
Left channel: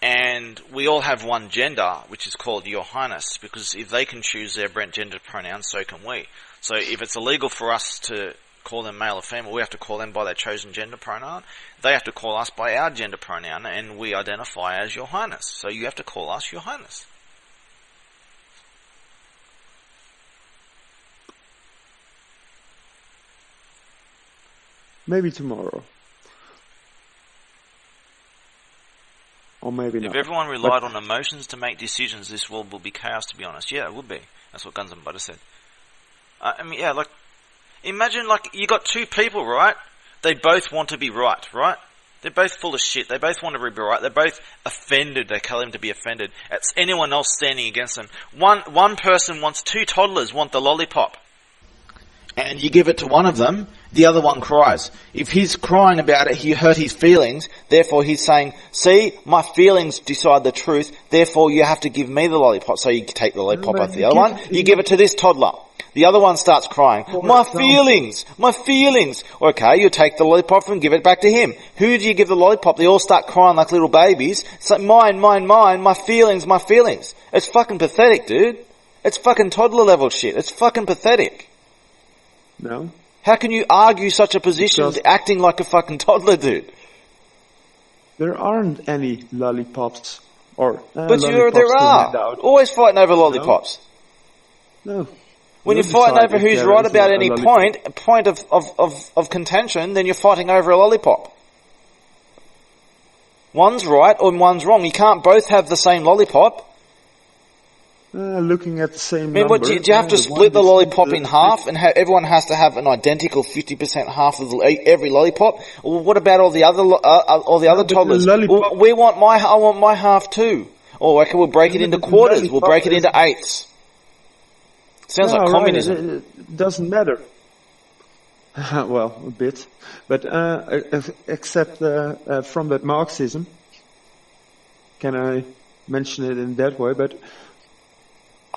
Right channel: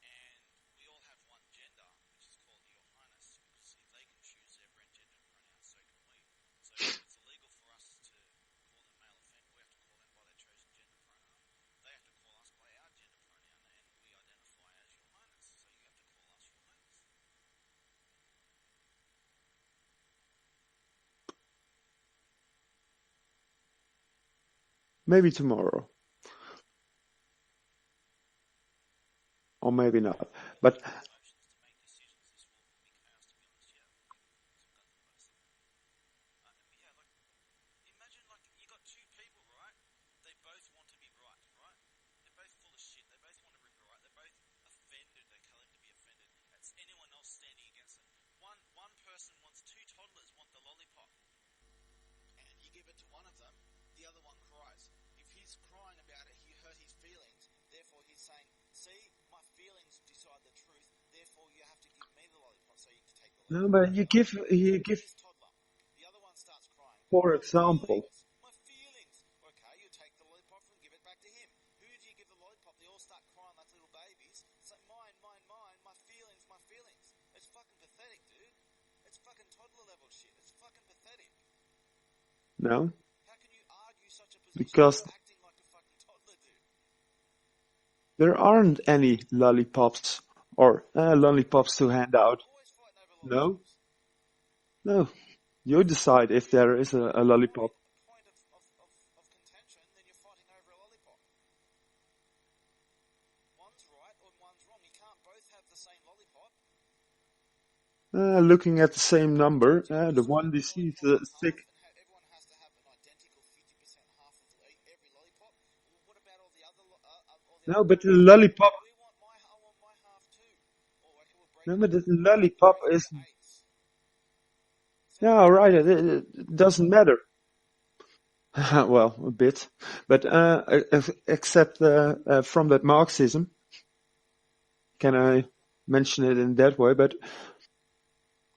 And we all have one gender, which is called Your Highness, because if they can choose their gender pronouns, so can we. So if it's illegal for us to call them male or female, we have to call them by their chosen gender pronoun. They have to call us by our gender pronoun, and we identify as Your Highness. So you have to call us Your Highness. Maybe tomorrow. Or maybe not. If everyone relied on emotions to make decisions, this world would be chaos, to be honest. Yeah, it would be. That's what Guns and Butter said. Imagine, like, you got two people, right? They both want to be right, right? They're both full of shit. They both want to be right. They're both offended. They claim to be offended. It's anyone else standing against them. One person wants, two toddlers want the lollipop. And you give it to one of them, the other one cries. If he's crying about it, he hurt his feelings. Therefore, he's saying, see, my feelings decide the truth. Therefore, you have to give me the lollipop. So you take the lollipop off the other one. You give it to this toddler. The other one starts crying. My feelings. Okay, you take the lollipop and give it back to him. Who do you give the lollipop? They all start crying like little babies. It's like, mine, my feelings. It's fucking pathetic, dude. It's fucking toddler level shit. It's fucking pathetic. No. How can you argue such a position acting like a fucking toddler, dude? There aren't any lollipops or but lollipops there to are. hand out. Always fighting over lollipops. No. When you're fighting over who's right about any point of contention, then you're fighting over a lollipop. One's right or one's wrong. You can't both have the same lollipop. Looking at the same number. Do you have to split the lollipop in half and everyone has to have an identical 50% half of every lollipop? Or what about all the other toddlers? I want my half too. Or okay, we'll break it into quarters. We'll break it into eighths. Sounds like communism. Right. It doesn't matter. Well, a bit. But except from that Marxism. Can I mention it in that way? But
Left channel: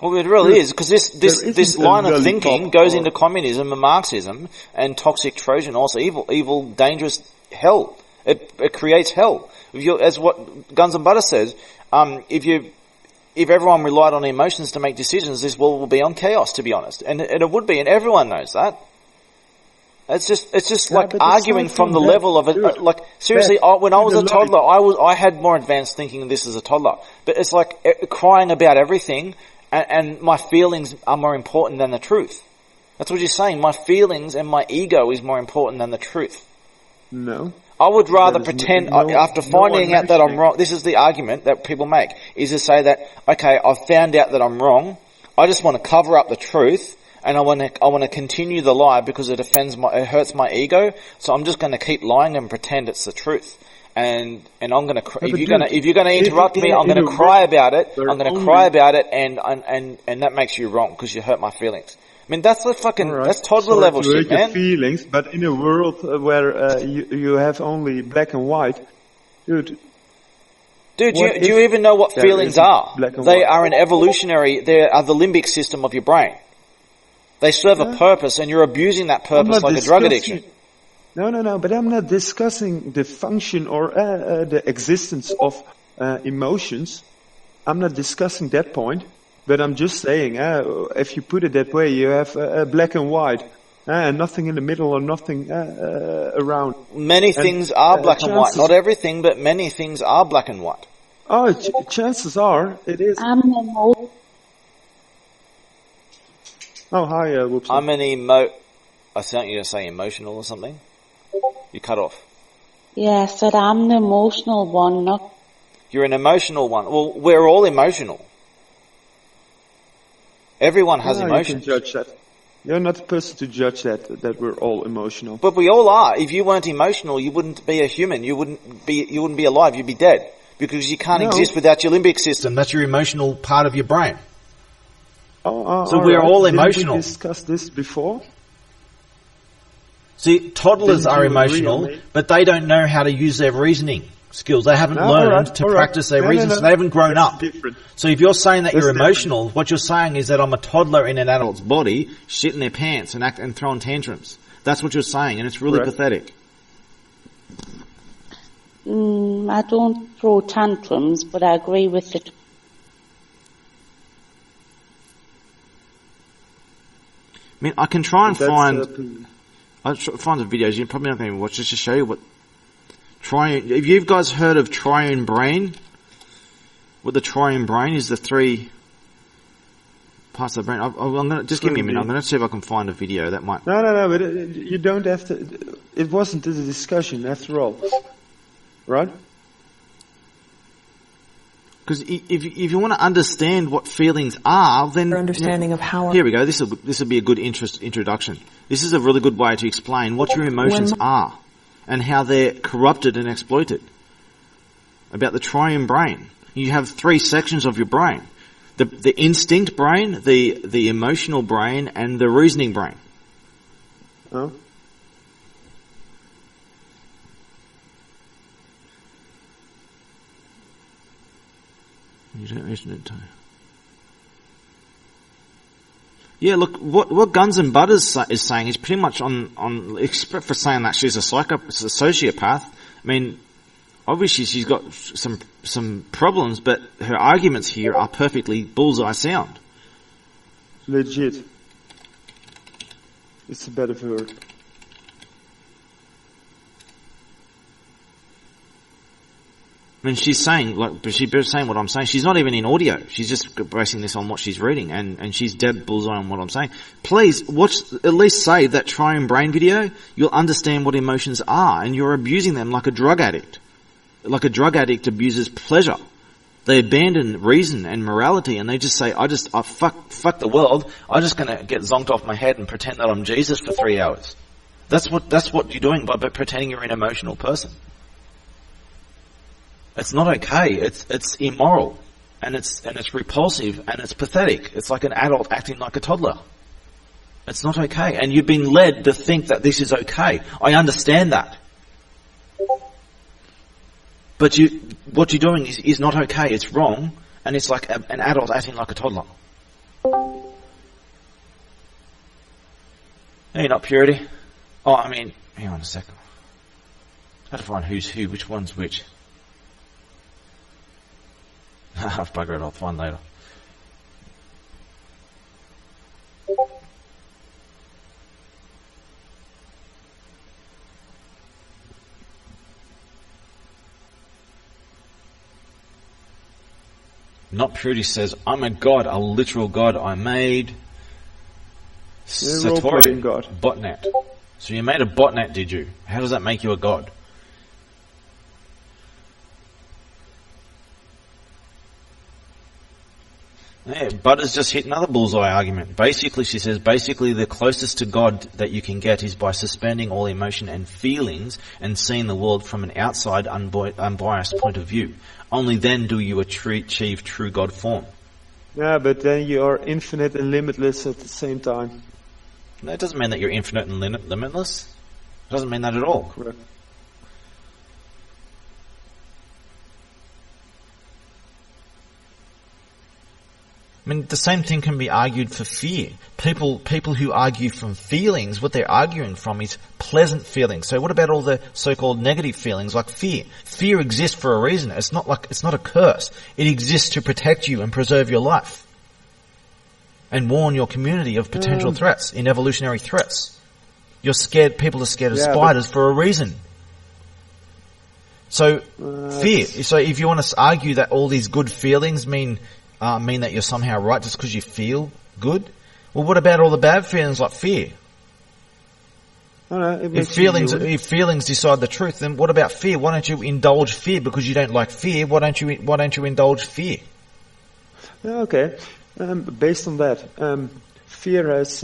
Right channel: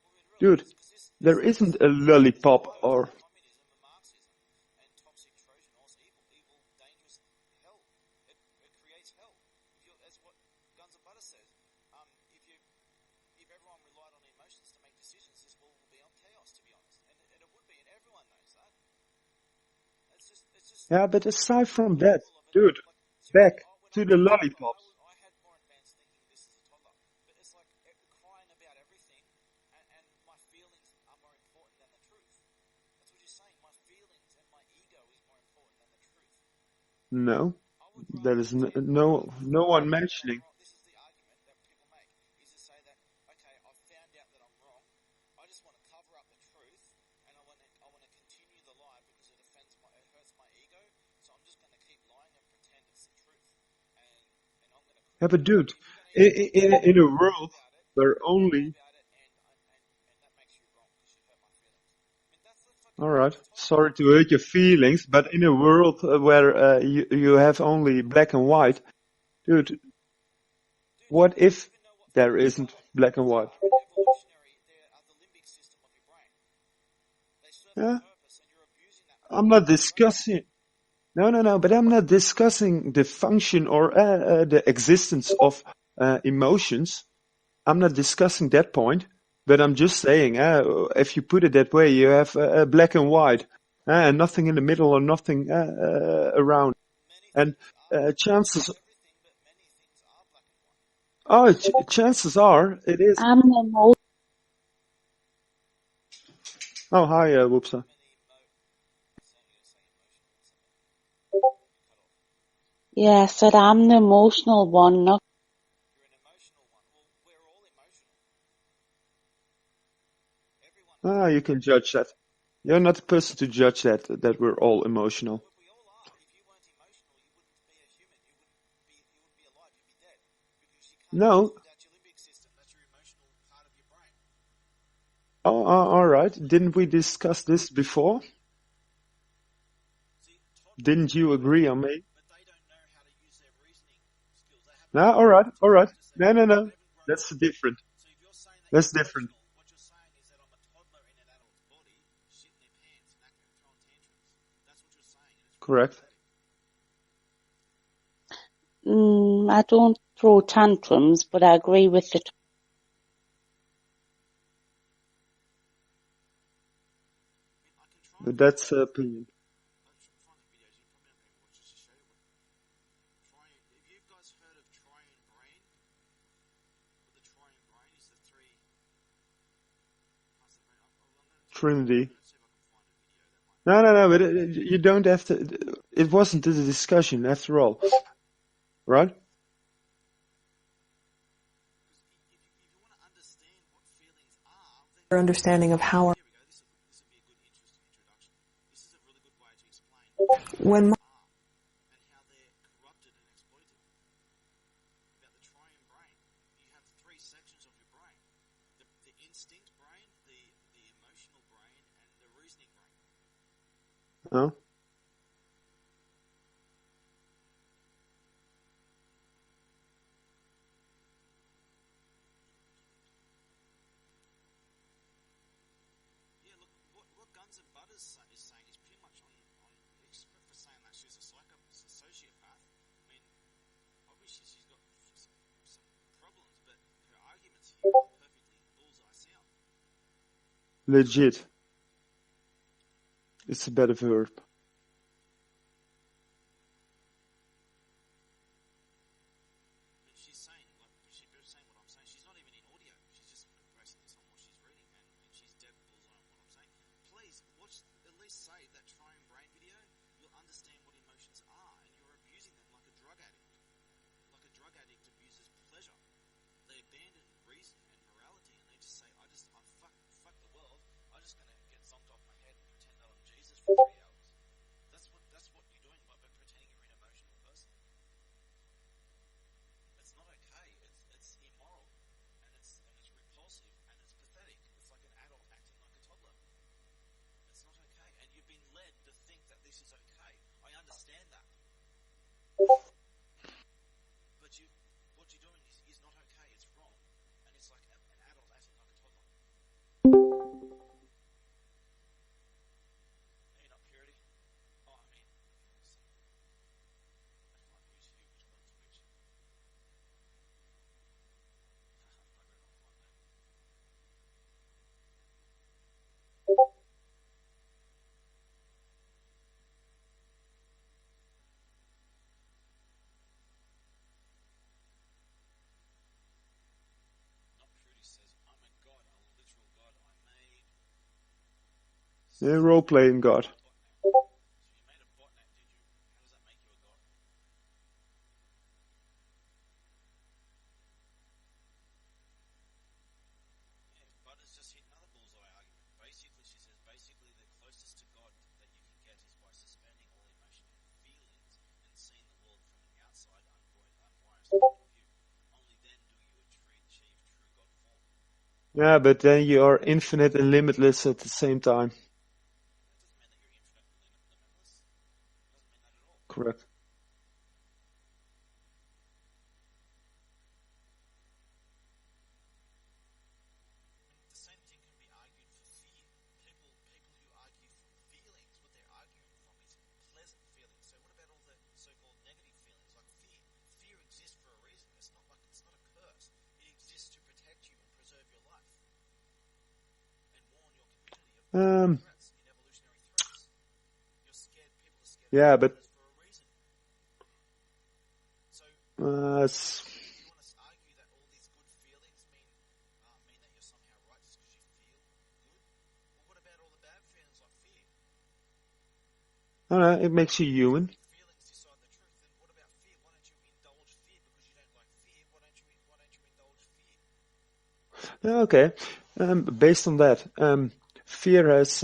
well, it really is, because this line of thinking goes into communism and Marxism and toxic Trojan, also evil, dangerous hell. It creates hell. As what Guns and Butter says, if everyone relied on emotions to make decisions, this world will be on chaos, to be honest. And it would be, and everyone knows that. It's just like arguing from the level of it. Like, seriously, when I was a toddler, I had more advanced thinking than this as a toddler. But it's like crying about everything. And my feelings are more important than the truth. That's what you're saying. My feelings and my ego is more important than the truth. No. I would rather pretend, after finding out that I'm wrong, this is the argument that people make, is to say that, okay, I've found out that I'm wrong, I just want to cover up the truth, and I want to continue the lie because it hurts my ego, so I'm just going to keep lying and pretend it's the truth. And I'm gonna if you're gonna interrupt me, I'm gonna cry about it. I'm gonna cry about it, and that makes you wrong because you hurt my feelings. I mean, that's that's toddler level shit, man. Your feelings, but in a world where you have only black and white, dude. Do you even know what feelings are? They are an evolutionary. They are the limbic system of your brain. They serve a purpose, and you're abusing that purpose like a drug addiction. No, but I'm not discussing the function or the existence of emotions. I'm not discussing that point, but I'm just saying, if you put it that way, you have black and white, and nothing in the middle or nothing around. Many things are black and white. Not everything, but many things are black and white. Oh, chances are it is. Oh, hi, Whoopsie. I thought you were saying emotional or something. You cut off. Yeah, I said I'm the emotional one, not... You're an emotional one. Well, we're all emotional. Everyone has emotions. You can judge that. You're not the person to judge that we're all emotional. But we all are. If you weren't emotional, you wouldn't be a human. You wouldn't be alive. You'd be dead. Because you can't exist without your limbic system. That's your emotional part of your brain. So we're all emotional. Didn't we discuss this before? See, toddlers are emotional, but they don't know how to use their reasoning skills. They haven't learned to practice their reasoning, so they haven't grown up. Different. So if you're saying that you're emotional, what you're saying is that I'm a toddler in an adult's body, shitting their pants and throwing tantrums. That's what you're saying, and it's really pathetic. I don't throw tantrums, but I agree with it. I mean, I can try and find... I'll find the videos. You're probably not going to watch just to show you what triune. Have you guys heard of triune brain? What the triune brain is? The three parts of the brain. I'm gonna just give me a minute. I'm going to see if I can find a video that might. No. But you don't have to. It wasn't a discussion after all, right? Because if you want to understand what feelings are, then Our understanding of how here we go. This will be a good introduction. This is a really good way to explain what your emotions are and how they're corrupted and exploited. About the triune brain, you have 3 sections of your brain: the instinct brain, the emotional brain, and the reasoning brain. Oh. You don't mention it, Tony. Yeah, look, what Guns and Butters is saying is pretty much on except for saying that she's a sociopath. I mean, obviously she's got some problems, but her arguments here are perfectly bullseye sound. Legit. It's a better word. I mean, she's saying what I'm saying. She's not even in audio. She's just basing this on what she's reading, and she's dead bullseye on what I'm saying. Please watch, at least save that Triune Brain video. You'll understand what emotions are, and you're abusing them like a drug addict. Like a drug addict abuses pleasure. They abandon reason and morality, and they just say, fuck the world. I'm just gonna get zonked off my head and pretend that I'm Jesus for 3 hours. That's what you're doing by pretending you're an emotional person. It's not okay. It's immoral, and it's repulsive, and it's pathetic. It's like an adult acting like a toddler. It's not okay, and you've been led to think that this is okay. I understand that, but what you're doing is not okay. It's wrong, and it's like an adult acting like a toddler. Hey, not purity. Oh, I mean, hang on a second. I have to find who's who, which one's which. I've buggered it. I'll find later. Not Purity says, I'm a god, a literal god I made. Yeah, role-playing god. Botnet. So you made a botnet, did you? How does that make you a god? Yeah, Butters just hit another bullseye argument. Basically, she says, the closest to God that you can get is by suspending all emotion and feelings and seeing the world from an outside, unbiased point of view. Only then do you achieve true God form. Yeah, but then you are infinite and limitless at the same time. That doesn't mean that you're infinite and limitless. It doesn't mean that at all. Correct. I mean, the same thing can be argued for fear. People who argue from feelings, what they're arguing from is pleasant feelings. So what about all the so-called negative feelings like fear? Fear exists for a reason. It's not a curse. It exists to protect you and preserve your life. And warn your community of potential threats, in evolutionary threats. People are scared of spiders for a reason. So, fear. So if you want to argue that all these good feelings mean that you're somehow right just because you feel good, well, what about all the bad feelings like fear? It makes if feelings decide the truth, then what about fear? Why don't you indulge fear because you don't like fear? Why don't you indulge fear? Okay. Based on that, fear has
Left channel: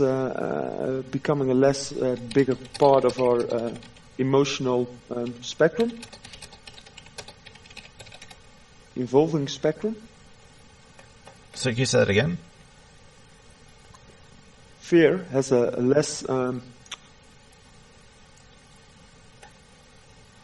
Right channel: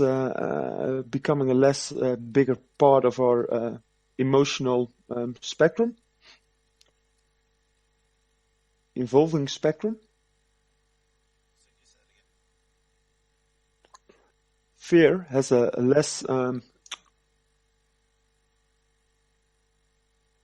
becoming a less bigger part of our emotional spectrum, evolving spectrum. So can you say that again? Fear has a less.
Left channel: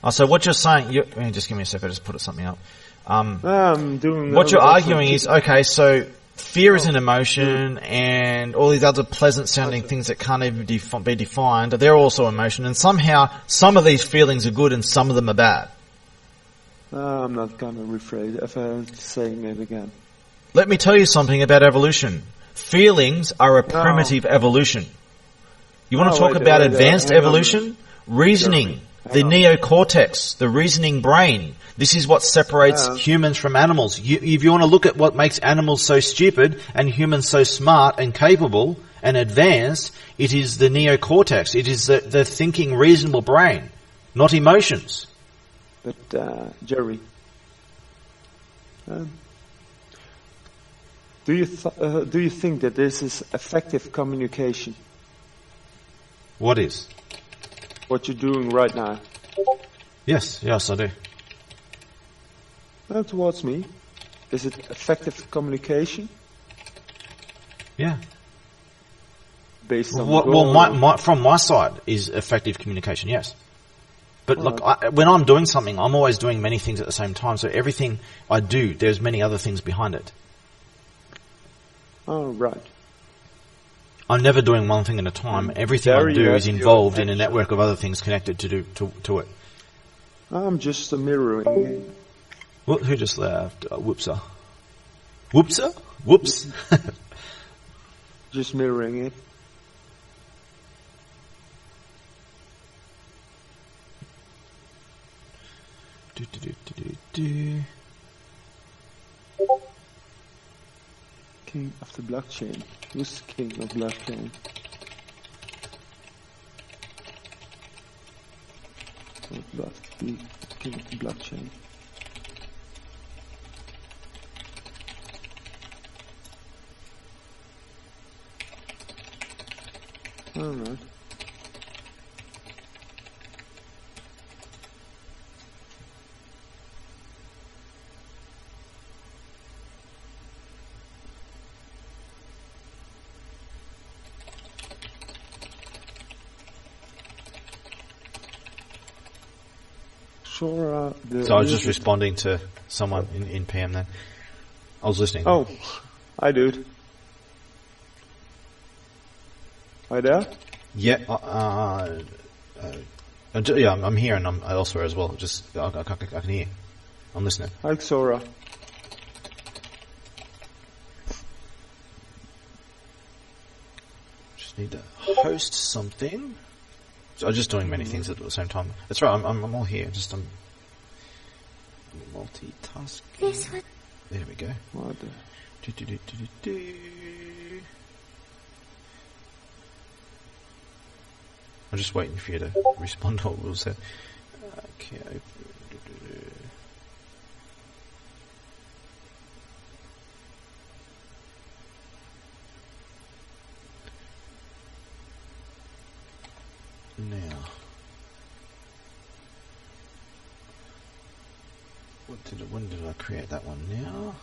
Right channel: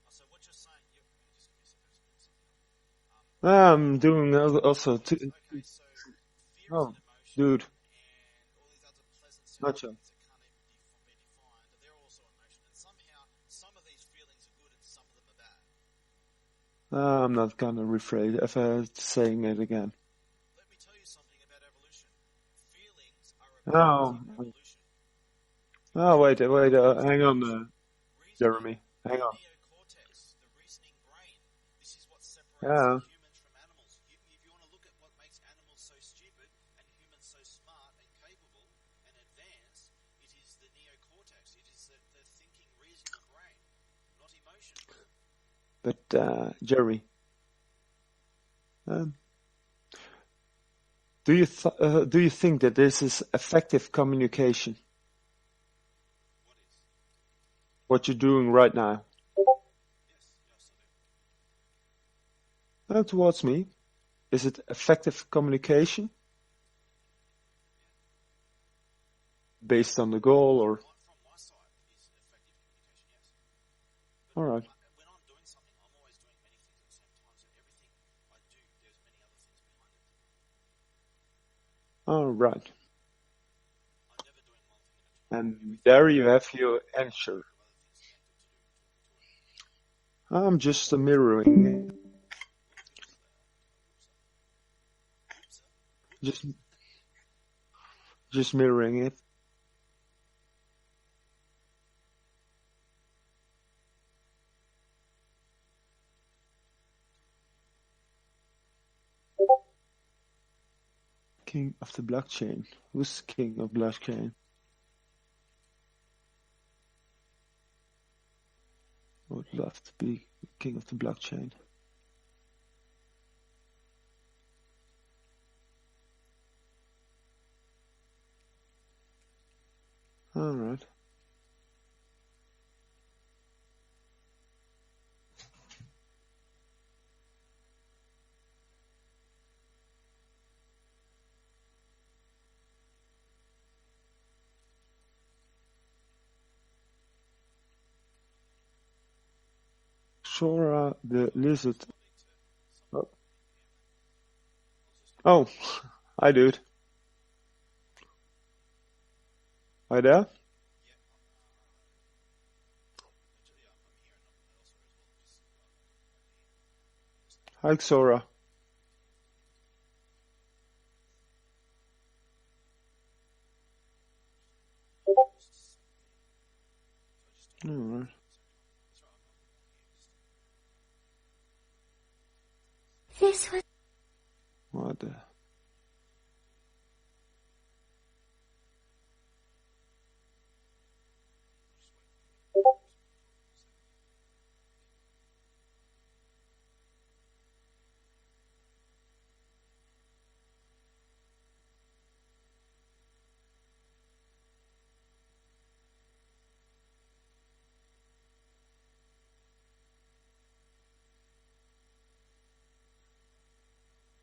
So what you're saying? Just give me a second. I just put something up. I'm doing. What you're arguing is okay. So fear is an emotion, and all these other pleasant-sounding things that can't even be defined, they're also emotion. And somehow, some of these feelings are good, and some of them are bad. I'm not gonna rephrase saying it again. Let me tell you something about evolution. Feelings are a primitive evolution. You want to talk about advanced evolution? Reasoning, the neocortex, the reasoning brain. This is what separates humans from animals. If you want to look at what makes animals so stupid and humans so smart and capable and advanced, it is the neocortex. It is the thinking, reasonable brain, not emotions. But, Jerry, Do you think that this is effective communication? What is? What you're doing right now? Yes, I do. Towards me, is it effective communication Yeah. based on the goal? Well, from my side is effective communication, yes. But look, when I'm doing something, I'm always doing many things at the same time. So everything I do, there's many other things behind it. Oh, right. I'm never doing one thing at a time. Everything I do is involved in a network of other things connected to it. I'm just mirroring. Who just left? Whoopser. Whoopser? Whoops. Just mirroring it. King of the blockchain. Who's king of blockchain? I would love to be king of the blockchain. Alright. Sora, so I was just responding to someone in PM then. I was listening. Oh, hi dude. Hi there? Yeah, yeah, I'm here and I'm elsewhere as well. Just I can hear. I'm listening. Hi Sora. Just need to host something. So I'm just doing many things at the same time. That's right. I'm all here. Just I'm multitasking. There we go. What the? I'm just waiting for you to respond to what Will said. Okay. Now, when did I create that one? Now,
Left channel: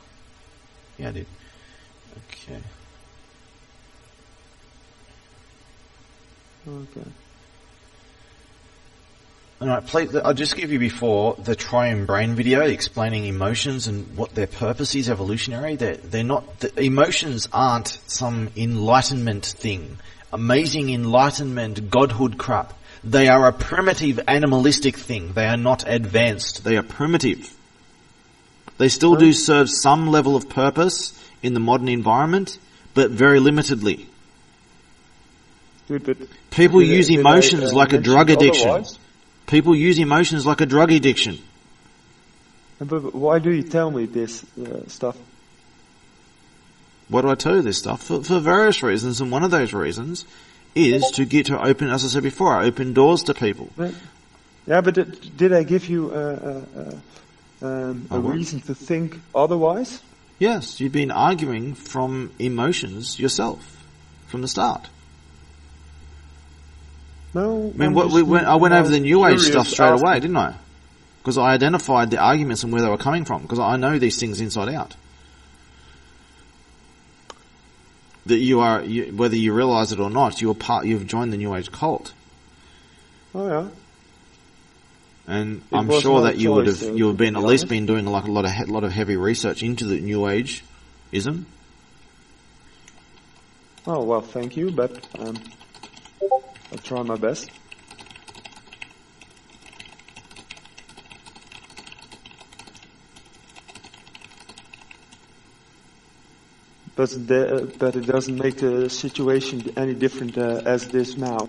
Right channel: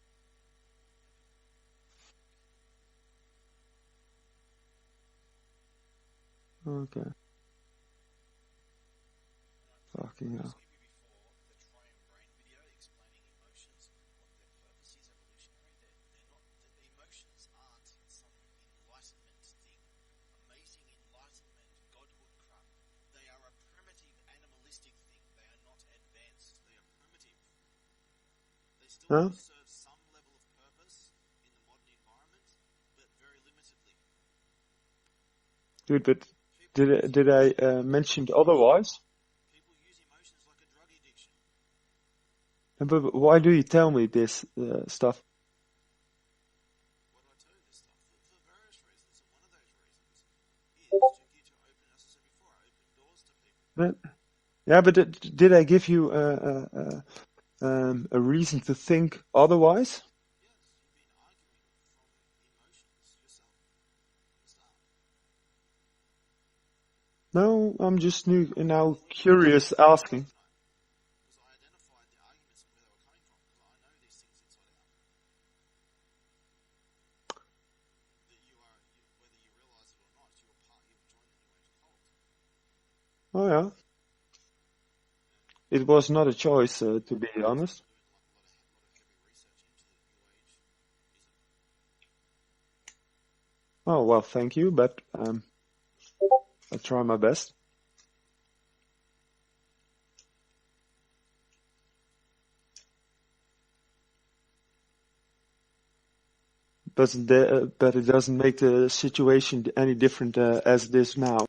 yeah, I did. Okay. Okay. Alright, please, I'll just give you before the Triune Brain video explaining emotions and what their purpose is evolutionary. They're not, the emotions aren't some enlightenment thing. Amazing enlightenment, godhood crap. They are a primitive animalistic thing. They are not advanced. They are primitive. They still do serve some level of purpose in the modern environment, but very limitedly. Dude, but people use emotions like a drug addiction. Otherwise? People use emotions like a drug addiction. But why do you tell me this stuff? Why do I tell you this stuff? For various reasons, and one of those reasons is to get to open, as I said before, I open doors to people. Yeah, but did I give you a reason to think otherwise? Yes, you've been arguing from emotions yourself from the start. No, I went over the New Age stuff straight away, didn't I? Because I identified the arguments and where they were coming from, because I know these things inside out. That you are, whether you realize it or not, you've joined the New Age cult. Oh yeah. And I'm sure that you've been at least been doing like a lot of heavy research into the New Age-ism. Oh well, thank you, but I'll try my best. But it doesn't make the situation any different as it is now.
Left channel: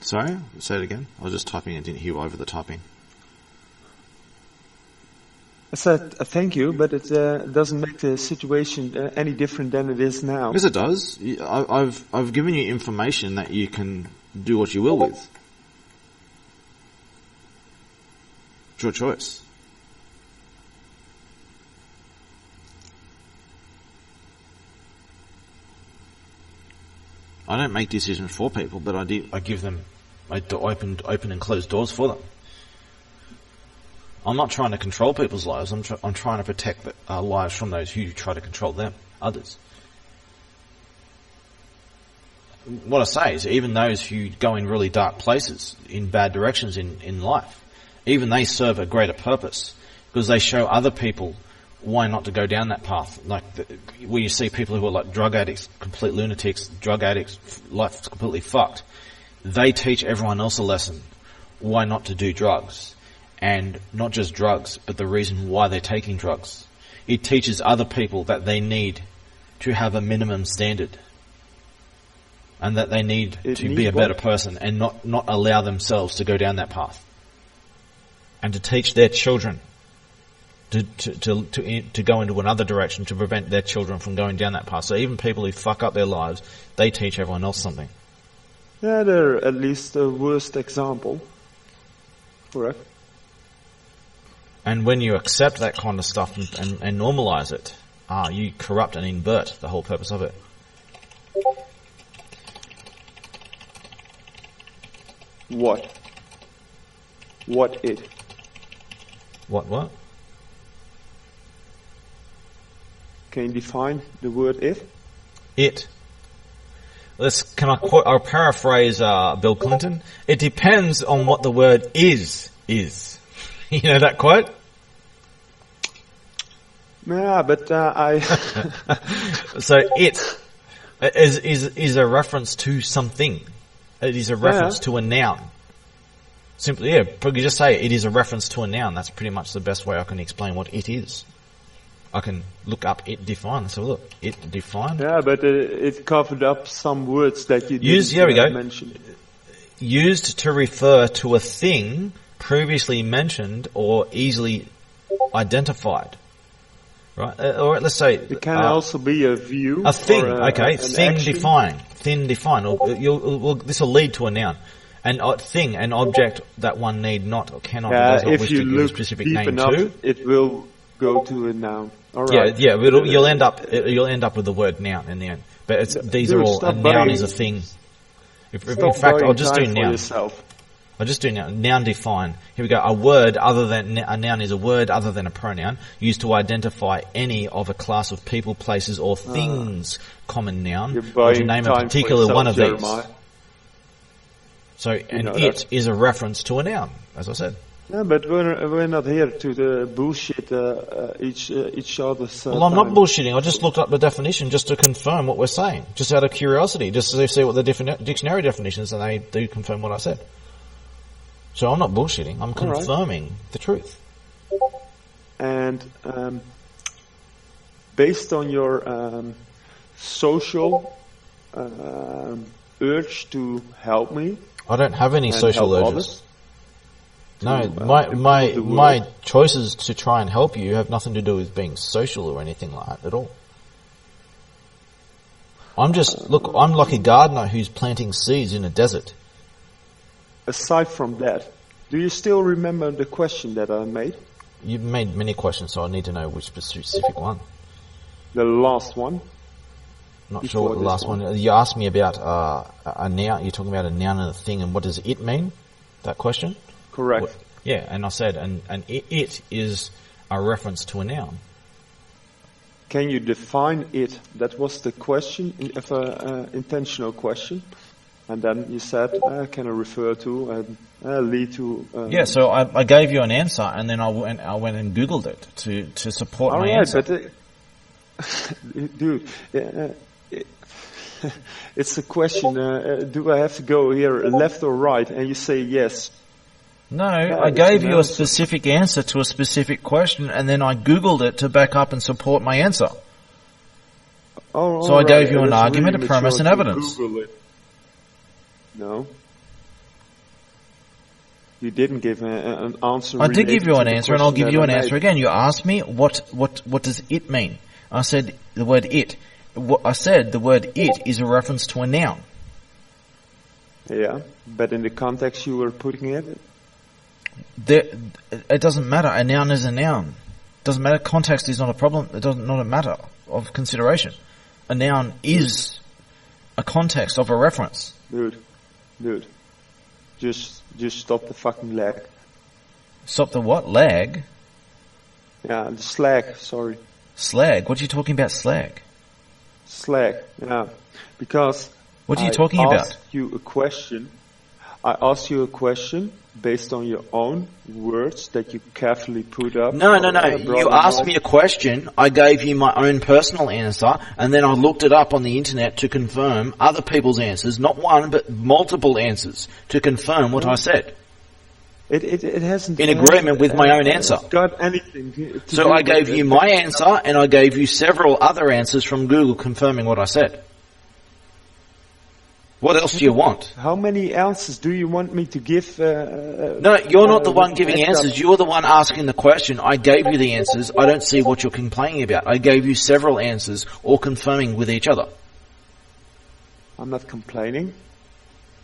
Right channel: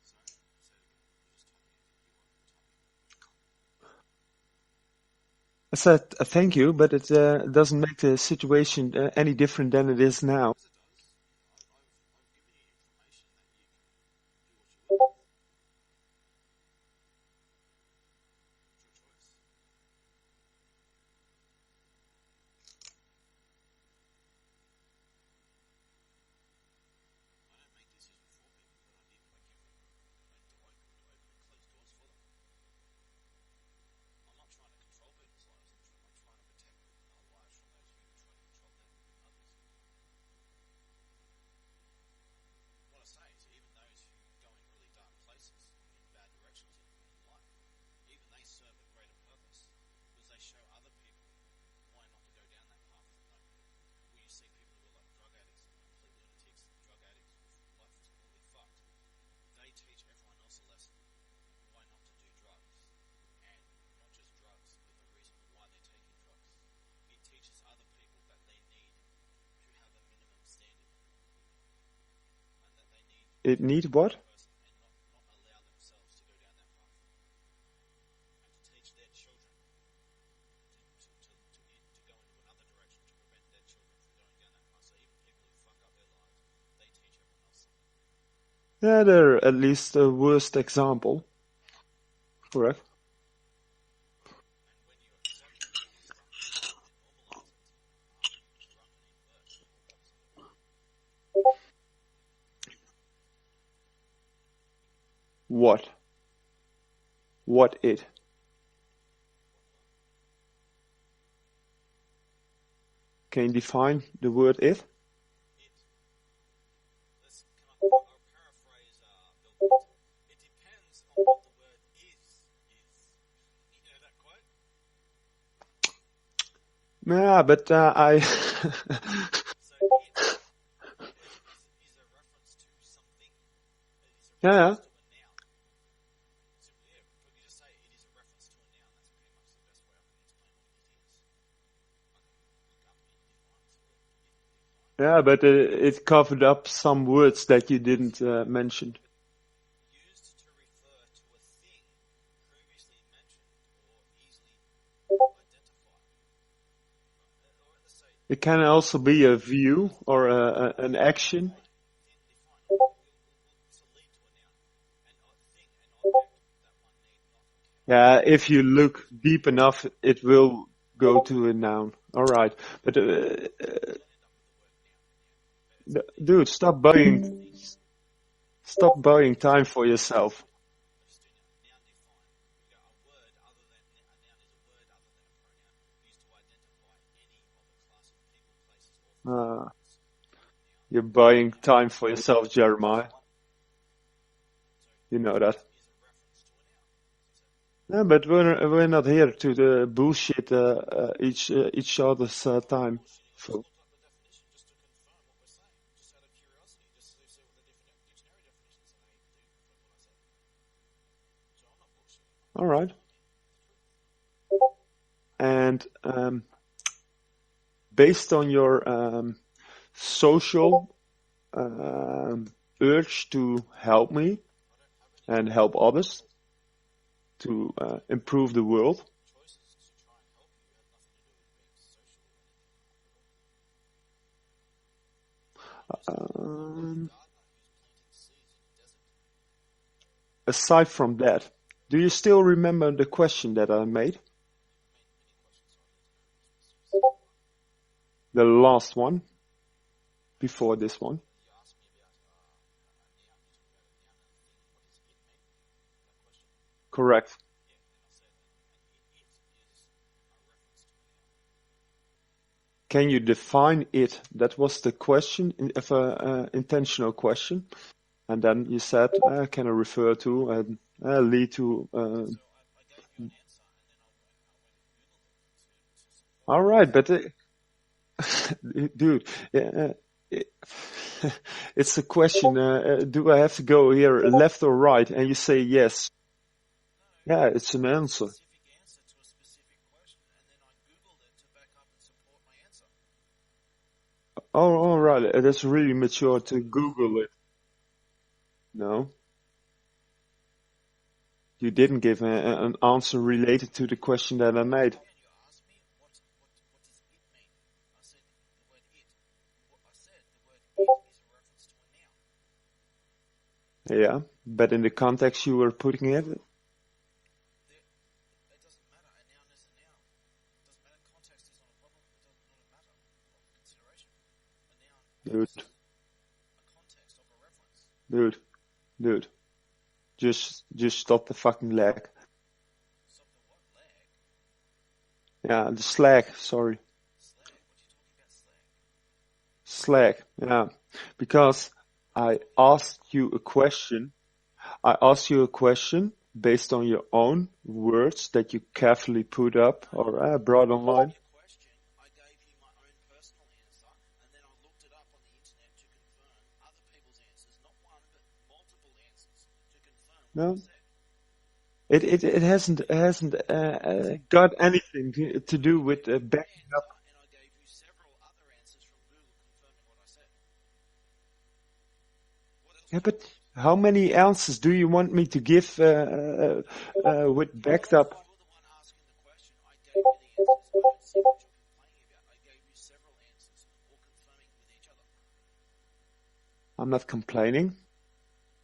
Sorry? Say it again. I was just typing and didn't hear over the typing. I said thank you, but it doesn't make the situation any different than it is now. Yes, it does. I've given you information that you can do what you will with. It's your choice. I don't make decisions for people, but I give them, open and close doors for them. I'm not trying to control people's lives. I'm trying to protect lives from those who try to control them, others. What I say is, even those who go in really dark places, in bad directions in life, even they serve a greater purpose, because they show other people why not to go down that path. Like where you see people who are like drug addicts, complete lunatics, drug addicts, life's completely fucked. They teach everyone else a lesson why not to do drugs. And not just drugs, but the reason why they're taking drugs. It teaches other people that they need to have a minimum standard. And that they need to be a better person and not allow themselves to go down that path. And to teach their children to go into another direction to prevent their children from going down that path. So even people who fuck up their lives, they teach everyone else something. Yeah, they're at least the worst example. Correct. And when you accept that kind of stuff and normalize it, you corrupt and invert the whole purpose of it. What? What it? What? Can you define the word it? It. Can I quote or paraphrase Bill Clinton? It depends on what the word is. You know that quote? Yeah, but I... So it is a reference to something. It is a reference to a noun. Simply, but you just say it is a reference to a noun. That's pretty much the best way I can explain what it is. I can look up it defined. So look, it defined. Yeah, but it covered up some words that you didn't mention. Used to refer to a thing previously mentioned or easily identified. Right? Or let's say... It can also be a view. A thing, or thin action. Define. Thin define. This will lead to a noun. An thing, an object that one need not or cannot... if you look deep enough, it will go to a noun. All right. Yeah, you'll end up with the word noun in the end. But a noun is a thing. Stop buying time for yourself. I'll just do noun. Noun define. Here we go. A noun is a word other than a pronoun used to identify any of a class of people, places, or things. Common noun. You're buying name time a particular for yourself, one of Jeremiah. these. So, it is a reference to a noun, as I said. Yeah, but we're not here to bullshit each other's Well, I'm time. not bullshitting. I just looked up the definition just to confirm what we're saying, just out of curiosity, just to see what the dictionary definition is, and they do confirm what I said. So I'm not bullshitting. I'm confirming the truth. And based on your social urge to help me, I don't have any and social help urges. others. No, my choices to try and help you have nothing to do with being social or anything like that at all. I'm like a gardener who's planting seeds in a desert. Aside from that, do you still remember the question that I made? You've made many questions, so I need to know which specific one. The last one. Not sure what the last one. You asked me about a noun. You're talking about a noun and a thing, and what does it mean? That question? Correct. Yeah, and I said, and it is a reference to a noun. Can you define it? That was the question, intentional question. And then you said, can I refer to and lead to... yeah, so I gave you an answer, and then I went and Googled it to support my answer. All right, but... dude, it's a question, do I have to go here left or right? And you say yes. No, I gave you a specific answer to a specific question, and then I Googled it to back up and support my answer. Oh, so I gave you an argument, a premise, and evidence. Google it. No. You didn't give an answer. I did give you an answer, and I'll give you an answer again. You asked me, what does it mean? I said the word it. I said the word it is a reference to a noun. Yeah, but in the context you were putting it? It doesn't matter. A noun is a noun. It doesn't matter. Context is not a problem. It doesn't not a matter of consideration. A noun is a context of a reference. Dude. Just stop the fucking lag. Stop the what? Lag? Yeah, the slag, sorry. Slag? What are you talking about, slag? Slag, yeah. Because What are you talking I about? asked you a question. I asked you a question based on your own words that you carefully put up. No. brought You asked online. me a question, I gave you my own personal answer, and then I looked it up on the internet to confirm other people's answers, not one, but multiple answers, to confirm what I said. It hasn't... In it agreement hasn't, with my own answer. Got anything to do So I with gave the you my big- answer, and I gave you several other answers from Google confirming what I said. What else do you want? How many answers do you want me to give? No, you're not the one with giving backed up- answers. You're the one asking the question. I gave you the answers. I don't see what you're complaining about. I gave you several answers, all confirming with each other. I'm not complaining.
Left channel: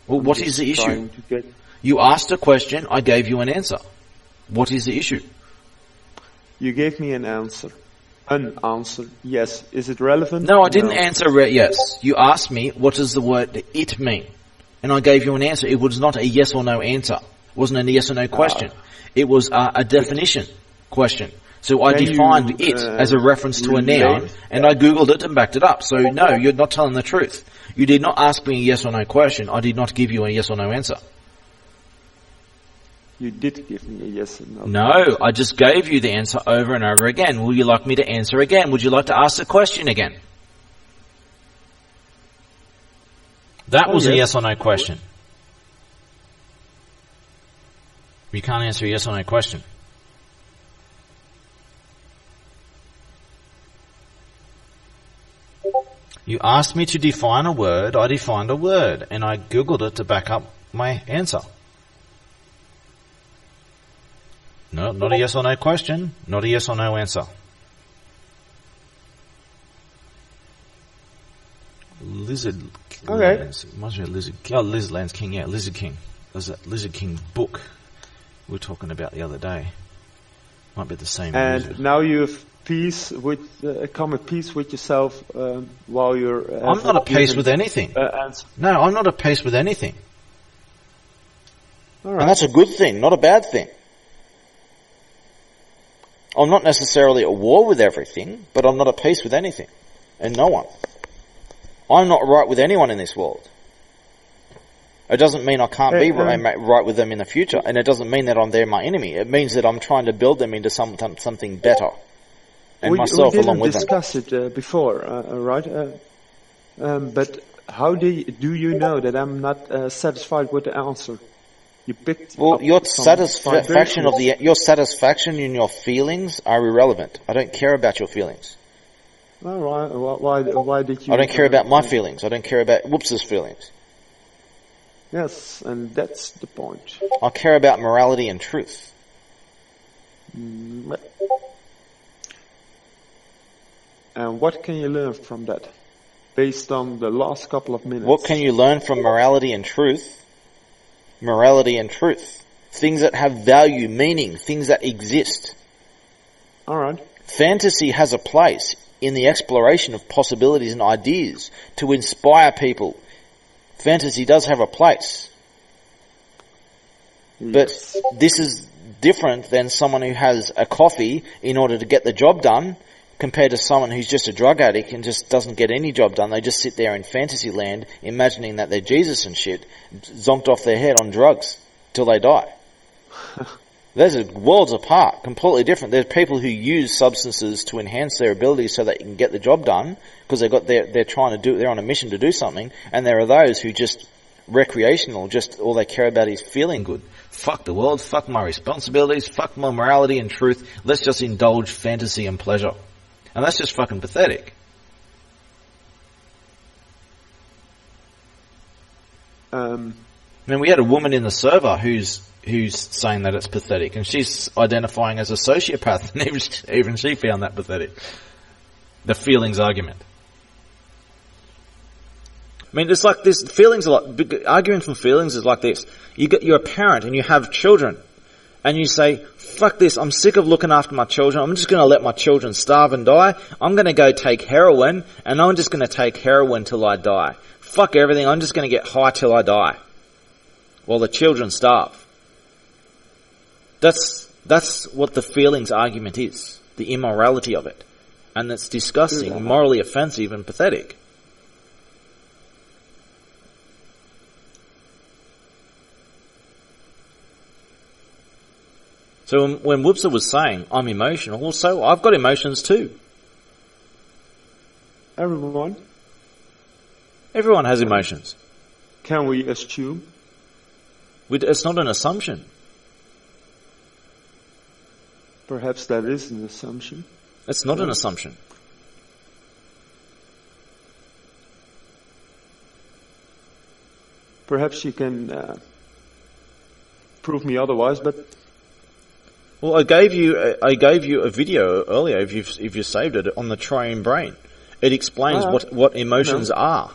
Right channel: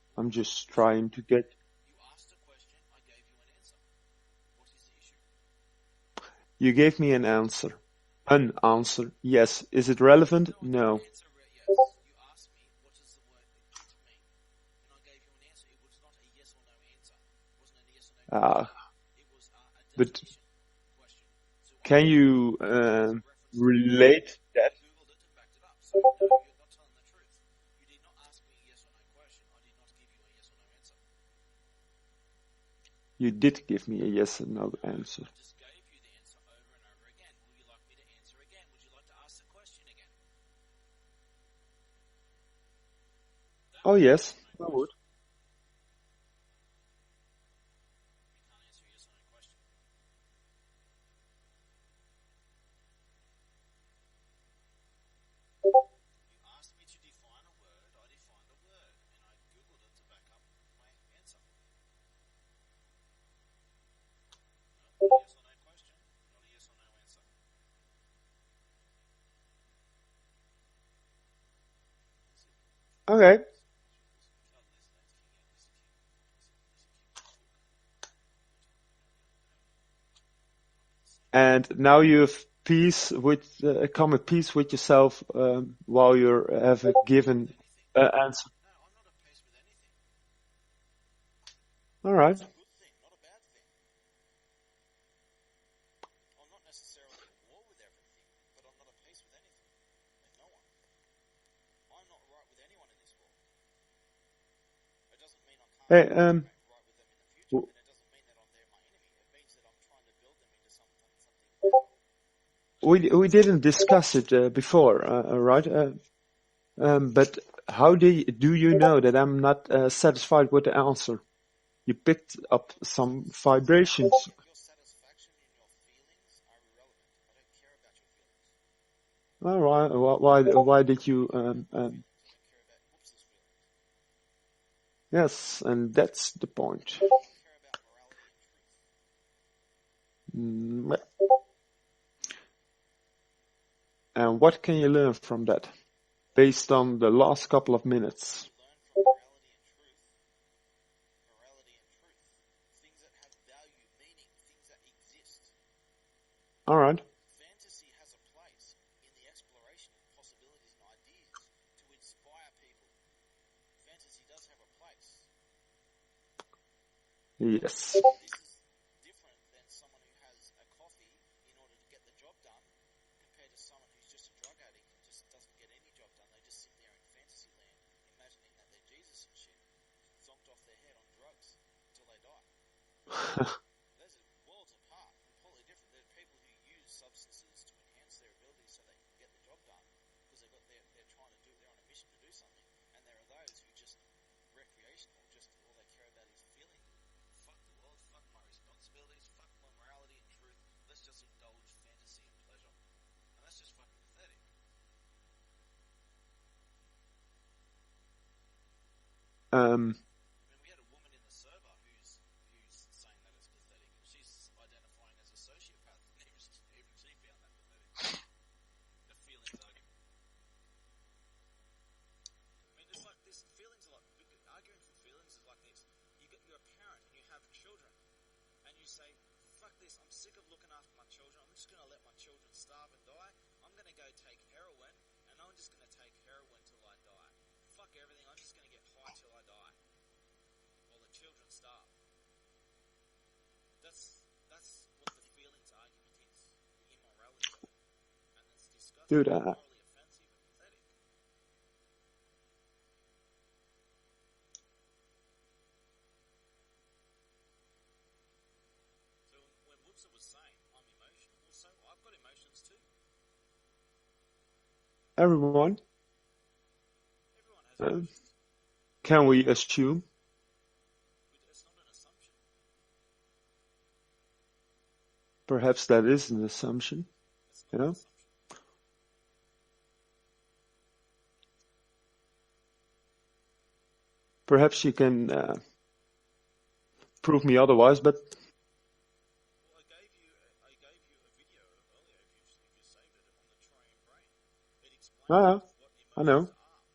Well, I'm what just is the issue? trying to get... You asked a question. I gave you an answer. What is the issue? You gave me an answer. An answer. Yes. Is it relevant? No, I didn't answer yes. You asked me, what does the word it mean? And I gave you an answer. It was not a yes or no answer. It wasn't a yes or no question. It was a definition question. So I Can defined you, it as a reference to a relate noun, and I Googled it and backed it up. So no, you're not telling the truth. You did not ask me a yes or no question. I did not give you a yes or no answer. You did give me a yes and no. No, answer. I just gave you the answer over and over again. Would you like me to answer again? Would you like to ask the question again? That was a yes. yes or no question. You can't answer a yes or no question. You asked me to define a word, I defined a word, and I Googled it to back up my answer. No, not a yes or no question, not a yes or no answer. Lizard. Okay. Lands. Reminds me of Lizard. Oh, Lizardland's King. Yeah, Lizard King. There's that Lizard King book we were talking about the other day. Might be the same. And lizard. now you've come at peace with yourself while you're. I'm not at peace with anything. Answer. No, I'm not at peace with anything. All And right. that's a good thing, not a bad thing. I'm not necessarily at war with everything, but I'm not at peace with anything and no one. I'm not right with anyone in this world. It doesn't mean I can't Hey, be right with them in the future, and it doesn't mean that they're my enemy. It means that I'm trying to build them into something better. And We myself along didn't with them. discuss it before, right? But how do you know that I'm not satisfied with the answer? You picked Well, up your some satisfaction vibrations. your satisfaction in your feelings are irrelevant. I don't care about your feelings. All right. Why did you? I don't care about my feelings. I don't care about Whoops's feelings. Yes, and that's the point. I care about morality and truth. And what can you learn from that, based on the last couple of minutes? What can you learn from morality and truth? Morality and truth. Things that have value, meaning, things that exist. All right. Fantasy has a place in the exploration of possibilities and ideas to inspire people. Fantasy does have a place. Yes. But this is different than someone who has a coffee in order to get the job done compared to someone who's just a drug addict and just doesn't get any job done. They just sit there in fantasy land imagining that they're Jesus and shit, zonked off their head on drugs till they die. Those are worlds apart, completely different. There's people who use substances to enhance their abilities so they can get the job done because they're trying to do, they're on a mission to do something, and there are those who just recreational, just all they care about is feeling good. Fuck the world, fuck my responsibilities, fuck my morality and truth. Let's just indulge fantasy and pleasure. And that's just fucking pathetic. I mean, we had a woman in the server who's saying that it's pathetic, and she's identifying as a sociopath, and even she found that pathetic. The feelings argument. I mean, it's like this. Feelings are like arguing from feelings is like this. You're a parent and you have children, and you say, "Fuck this! I'm sick of looking after my children. I'm just going to let my children starve and die. I'm going to go take heroin, and I'm just going to take heroin till I die. fuck everything, I'm just going to get high till I die, while the children starve. That's what the feelings argument is, the immorality of it. And it's disgusting, morally offensive and pathetic. So when Whoopser was saying, I'm emotional, well, so I've got emotions too. Everyone has emotions. Can we assume? It's not an assumption. Perhaps that is an assumption. It's not an assumption. Perhaps you can prove me otherwise, but... Well, I gave you a video earlier, if you saved it, on the Triune Brain. It explains what emotions are.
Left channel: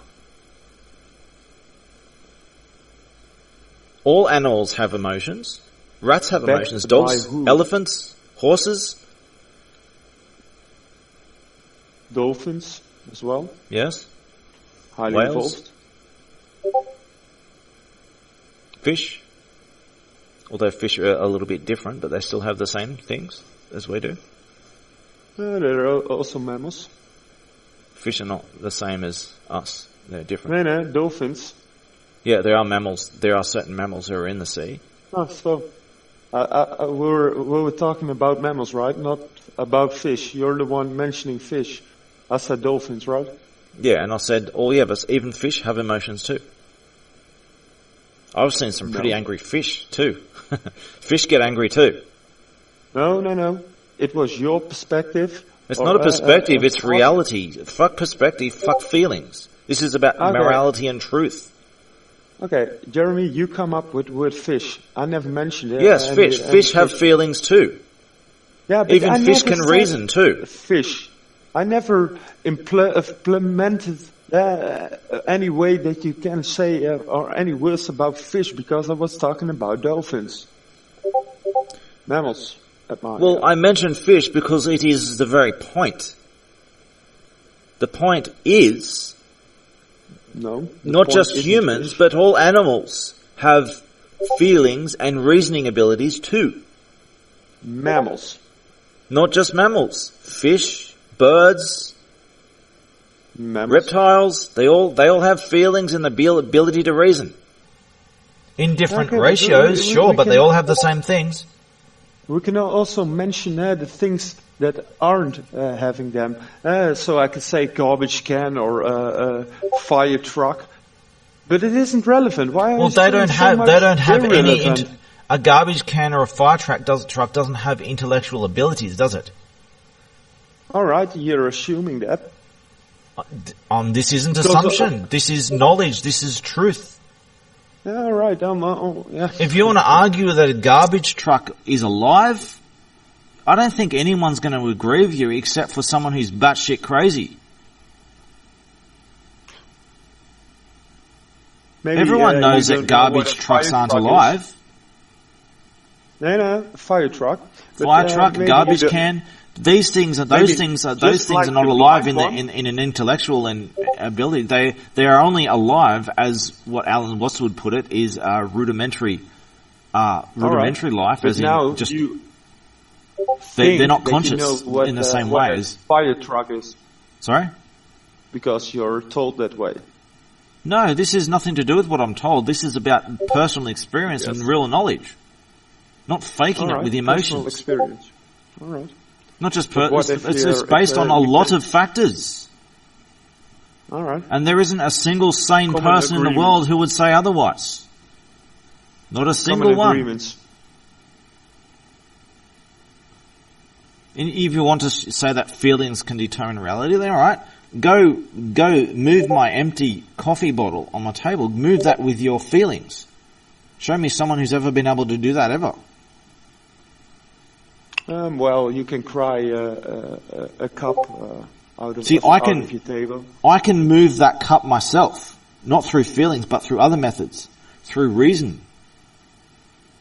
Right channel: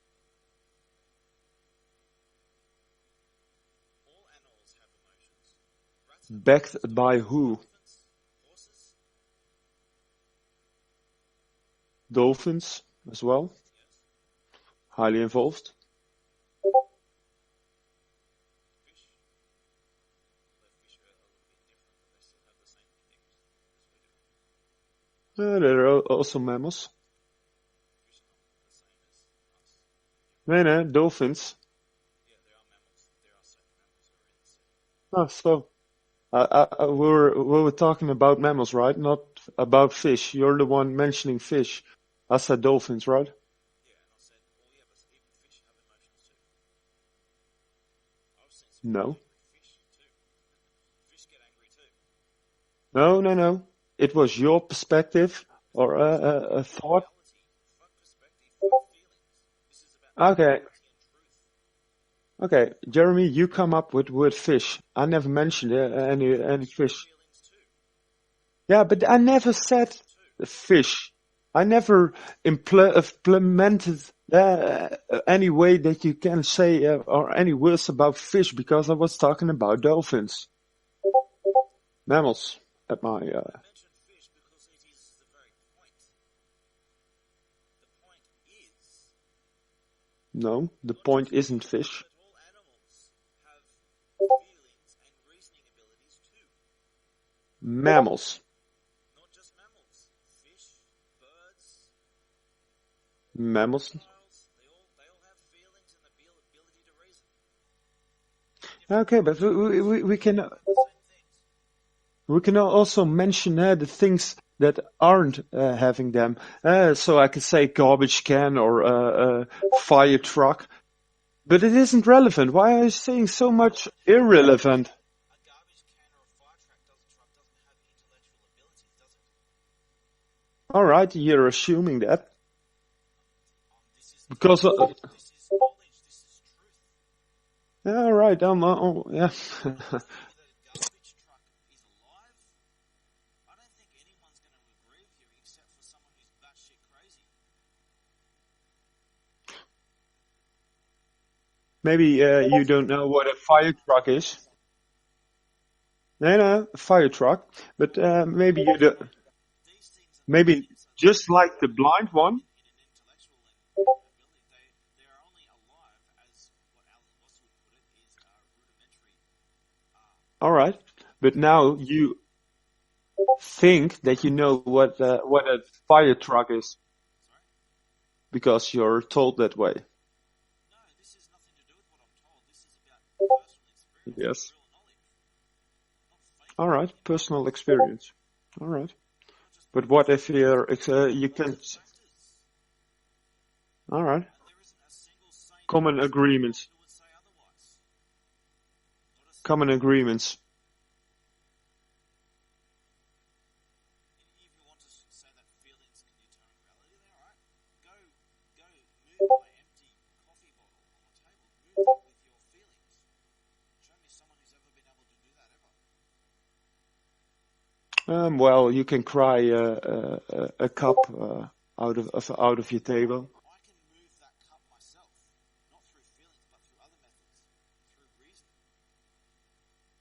All animals have emotions. Rats have emotions. Dogs, elephants, horses. Dolphins as well. Yes. Highly evolved. Fish. Although fish are a little bit different, but they still have the same things as we do. They're also mammals. Fish are not the same as us. They're different. No, dolphins. Yeah, there are mammals. There are certain mammals who are in the sea. Oh, so we were talking about mammals, right? Not about fish. You're the one mentioning fish. I said dolphins, right? Yeah, and I said, but even fish have emotions too. I've seen some pretty angry fish too. Fish get angry too. No. It was your perspective. It's not a perspective, it's reality. Fuck perspective, fuck feelings. This is about morality and truth. Okay, Jeremy, you come up with word fish. I never mentioned it. Yes, fish. Fish have feelings too. Yeah, but even fish can reason too. Fish. I never implemented any way that you can say or any words about fish, because I was talking about dolphins. Mammals. I mentioned fish because it is the very point. The point is... not just humans, but all animals have feelings and reasoning abilities too. Mammals. Not just mammals. Fish, birds, reptiles, they all have feelings and the ability to reason. In different ratios, sure, but they all have the same things. We can also mention the things that aren't having them. So I could say garbage can or fire truck, but it isn't relevant. Why are they don't have irrelevant? A garbage can or a fire truck doesn't have intellectual abilities, does it? All right, you're assuming that. This isn't assumption. This is knowledge. This is truth. All right. If you want to argue that a garbage truck is alive, I don't think anyone's going to agree with you except for someone who's batshit crazy. Maybe everyone knows that garbage trucks aren't alive. No, fire truck. Fire truck, garbage can. These things are not alive in an intellectual ability. They are only alive as what Alan Watts would put it is rudimentary life. But now you think they're not conscious that you know what, in the same what way a fire truck is. Sorry? Because you're told that way. No, this has nothing to do with what I'm told. This is about personal experience and real knowledge. Not faking it with emotions. Personal experience. All right. Not just it's based on a lot of factors. All right. And there isn't a single sane person in the world who would say otherwise. Not a single one. Agreements. And if you want to say that feelings can determine reality, then all right. Go move my empty coffee bottle on my table. Move that with your feelings. Show me someone who's ever been able to do that ever. Well, you can cry a cup out of your table. I can move that cup myself, not through feelings, but through other methods, through reason.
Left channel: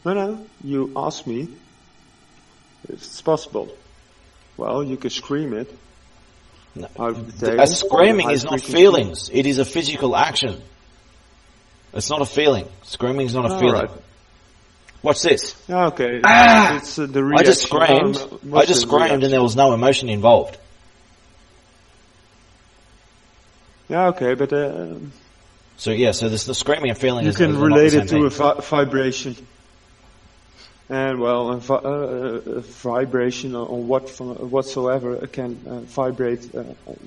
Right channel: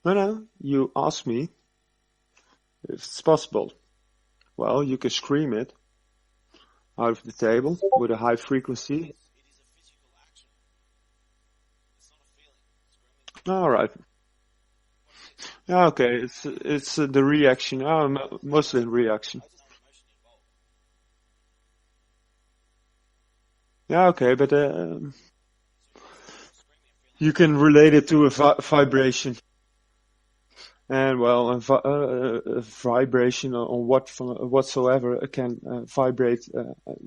No, you ask me if it's possible. Well, you can scream it. out of the table. A screaming or the is not high-frequency. feelings. It is a physical action. It's not a feeling. Screaming is not a All feeling. right. Watch this. Yeah, okay. It's the I reaction. just screamed. Most I just of the screamed, reaction. and there was no emotion involved. Yeah, okay, but So yeah, so this the screaming and feeling. you is can not relate the it same to thing. a vibration. And well, a vibration on whatsoever can vibrate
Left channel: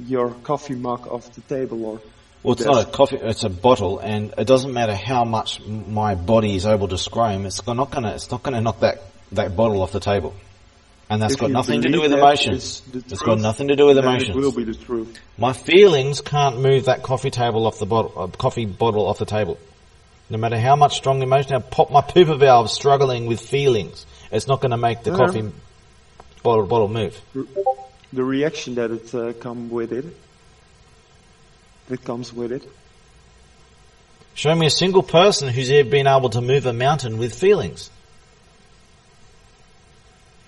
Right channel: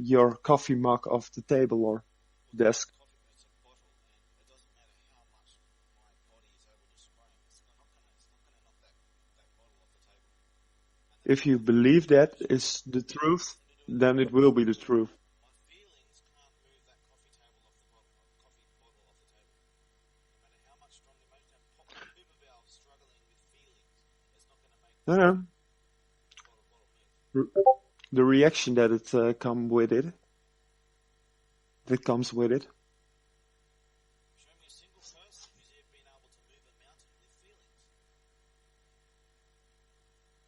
your coffee mug off the table or Well, it's desk. not a coffee. It's a bottle, and it doesn't matter how much my body is able to scream. It's not gonna knock that bottle off the table, and that's If got you nothing to do believe with that emotions. is the It's got truth, nothing to do with then emotions. it will be the truth. My feelings can't move that coffee table off the bottle, coffee bottle off the table. No matter how much strong emotion, I pop my pooper valve struggling with feelings. It's not going to make the Yeah. coffee bottle move. The reaction that it comes with it. Show me a single person who's ever been able to move a mountain with feelings.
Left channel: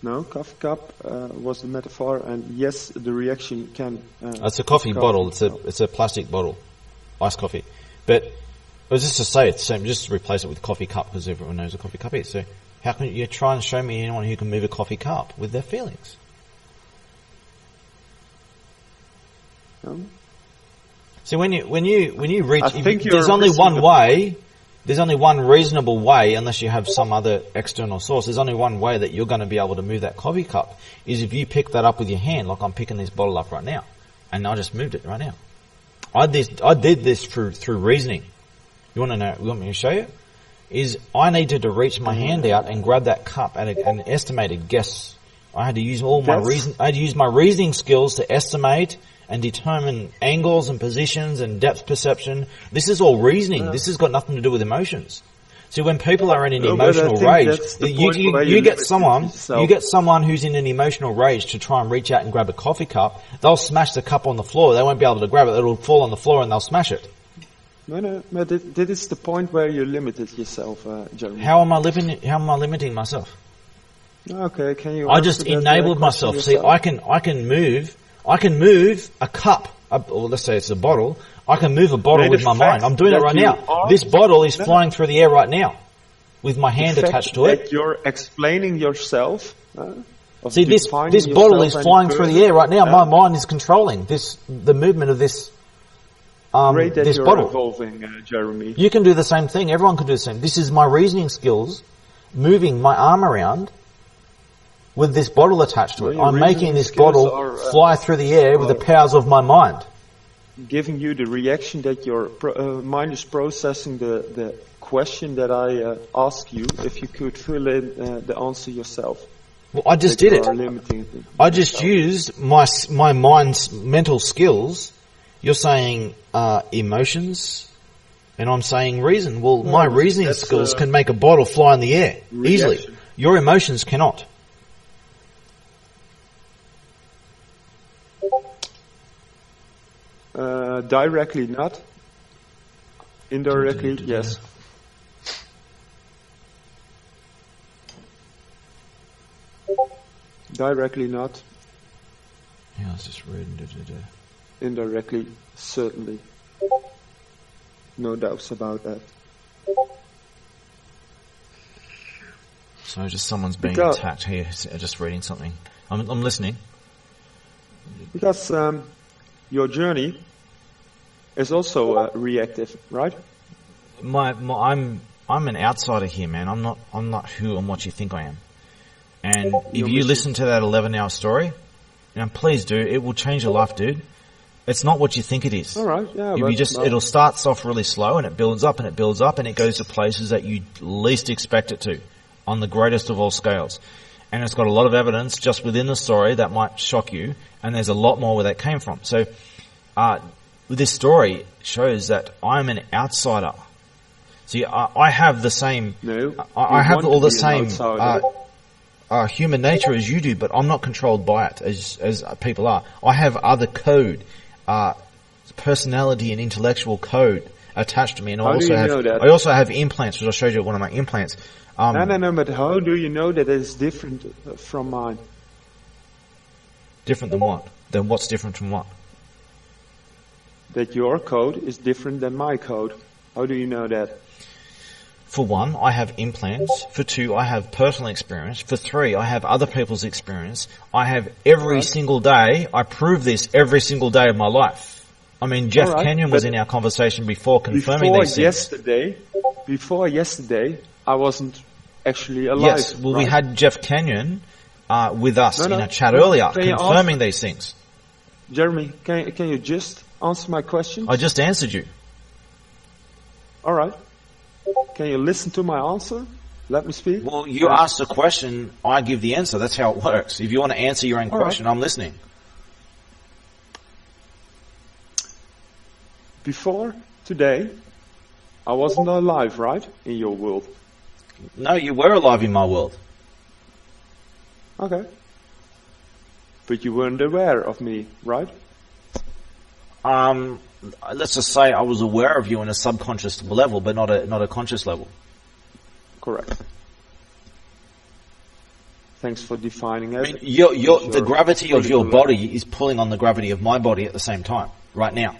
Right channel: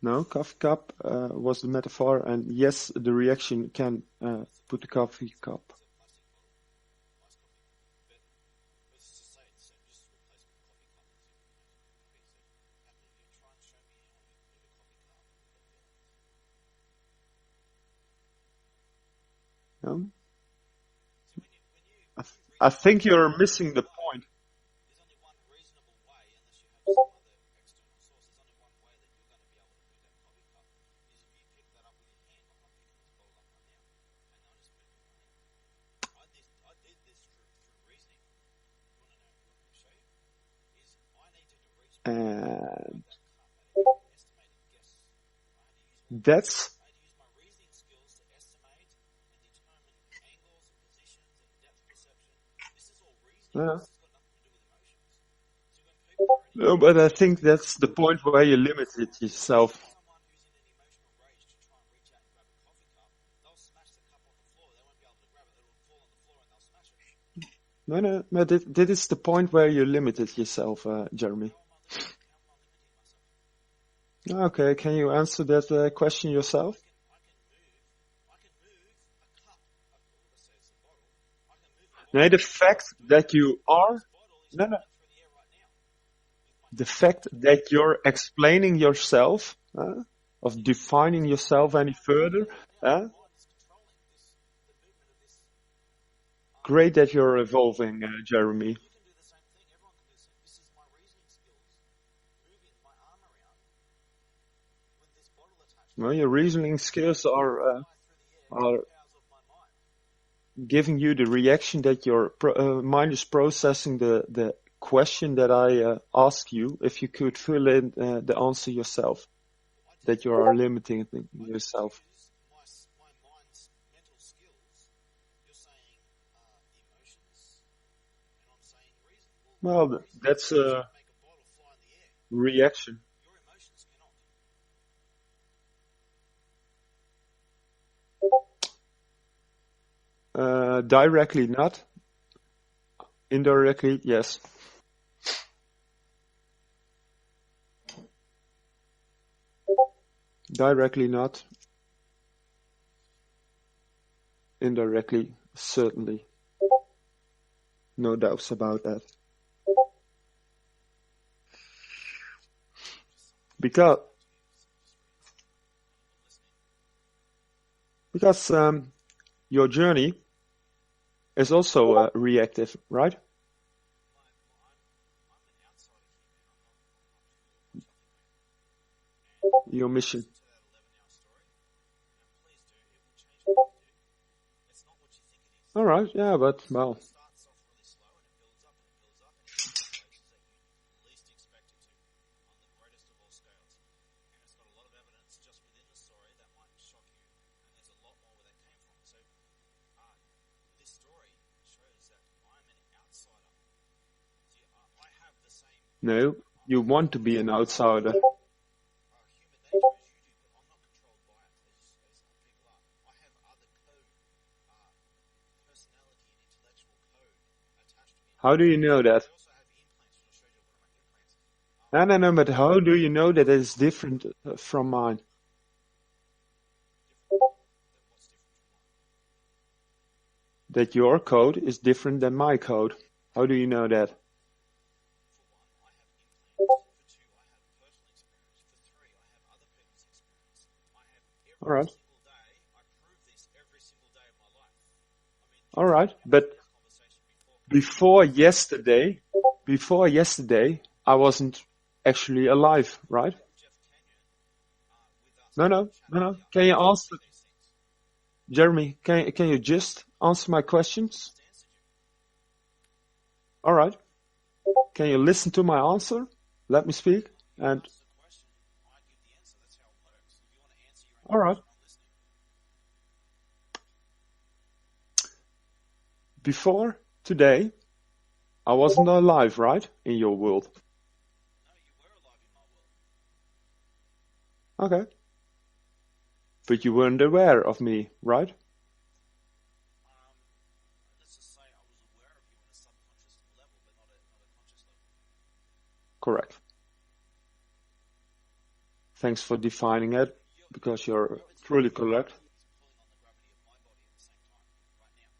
No, coffee cup was the metaphor, and yes, the reaction can. It's a coffee bottle. It's a plastic bottle, iced coffee. But I was just to say it's the same. Just replace it with coffee cup because everyone knows a coffee cup is. So how can you try and show me anyone who can move a coffee cup with their feelings? No? See, when you reach, I think you're there's only missing one the way. There's only one reasonable way, unless you have some other external source. There's only one way that you're going to be able to move that coffee cup is if you pick that up with your hand, like I'm picking this bottle up right now, and I just moved it right now. I did this through reasoning. You want to know? You want me to show you? Is I needed to reach my hand out and grab that cup at an estimated guess. I had to use I had to use my reasoning skills to estimate and determine angles and positions and depth perception. This is all reasoning. This has got nothing to do with emotions. See, when people are in an No, but I emotional think rage, that's the point where you get limit yourself. you get someone who's in an emotional rage to try and reach out and grab a coffee cup. They'll smash the cup on the floor. They won't be able to grab it. It'll fall on the floor and they'll smash it. No, but that is the point where you limited yourself, Jeremy. How am I limiting myself? Okay, can you? I answer just that, enabled question myself. See, yourself? I can move a cup, or let's say it's a bottle. I can move a bottle Right, with the my fact mind. I'm doing it that right you now. are- This bottle is No, no. flying through the air right now, with my The hand fact attached to it. that you're explaining yourself. Of See, this defining bottle is yourself any flying through the further, air right now. My mind is controlling the movement of this. Great that this you're bottle. evolving, Jeremy. You can do the same thing. Everyone can do the same. This is my reasoning skills, moving my arm around with this bottle attached to Well, it. your I'm making reasoning this skills bottle are, fly through the air with the are- powers of my mind. Giving you the reaction that your mind is processing the question that I ask you. If you could fill in the answer yourself. Well, I just that did you it. are limiting it. I just used my mind's mental skills. You're saying emotions, and I'm saying reason. Well, my reasoning that's, skills can make a bottle fly in the air easily. reaction. Your emotions cannot. Directly not. Indirectly, yes. Directly not. Yeah, I was just reading. Indirectly, certainly. No doubts about that. So just someone's being Because- attacked here. Just reading something. I'm listening. Because your journey is also reactive, right? I'm an outsider here, man. I'm not who and what you think I am. And if Your you mission- listen to that 11-hour story, please do. It will change your life, dude. It's not what you think it is. All right, yeah, but It'll start off really slow and it builds up and it builds up and it goes to places that you least expect it to, on the greatest of all scales. And it's got a lot of evidence just within the story that might shock you, and there's a lot more where that came from. So, this story shows that I'm an outsider. See, I have the same. No, I you have want all to the be an same outsider. human nature as you do, but I'm not controlled by it as people are. I have other code, personality and intellectual code attached to me. And How do you know that? I also have implants, which I showed you one of my implants. No, but how do you know that it's different from mine? Different than what? Then what's different from what? that your code is different than my code. How do you know that? For one, I have implants. For two, I have personal experience. For three, I have other people's experience. I have every single day, I prove this every single day of my life. I mean, Jeff Kenyon was in our conversation before confirming these things. Before yesterday, I wasn't actually alive. Yes, well, we had Jeff Kenyon with us in a chat earlier, confirming these things. Jeremy, can you just answer my question? I just answered you. All right. Can you listen to my answer? Let me speak. Well, you ask the question, I give the answer. That's how it works. If you want to answer your own question, I'm listening. Before today, I wasn't alive, right? In your world. No, you were alive in my world. Okay. But you weren't aware of me, right? Let's just say I was aware of you on a subconscious level, but not a conscious level. Correct. Thanks for defining it. I mean, the gravity of your body is pulling on the gravity of my body at the same time, right now.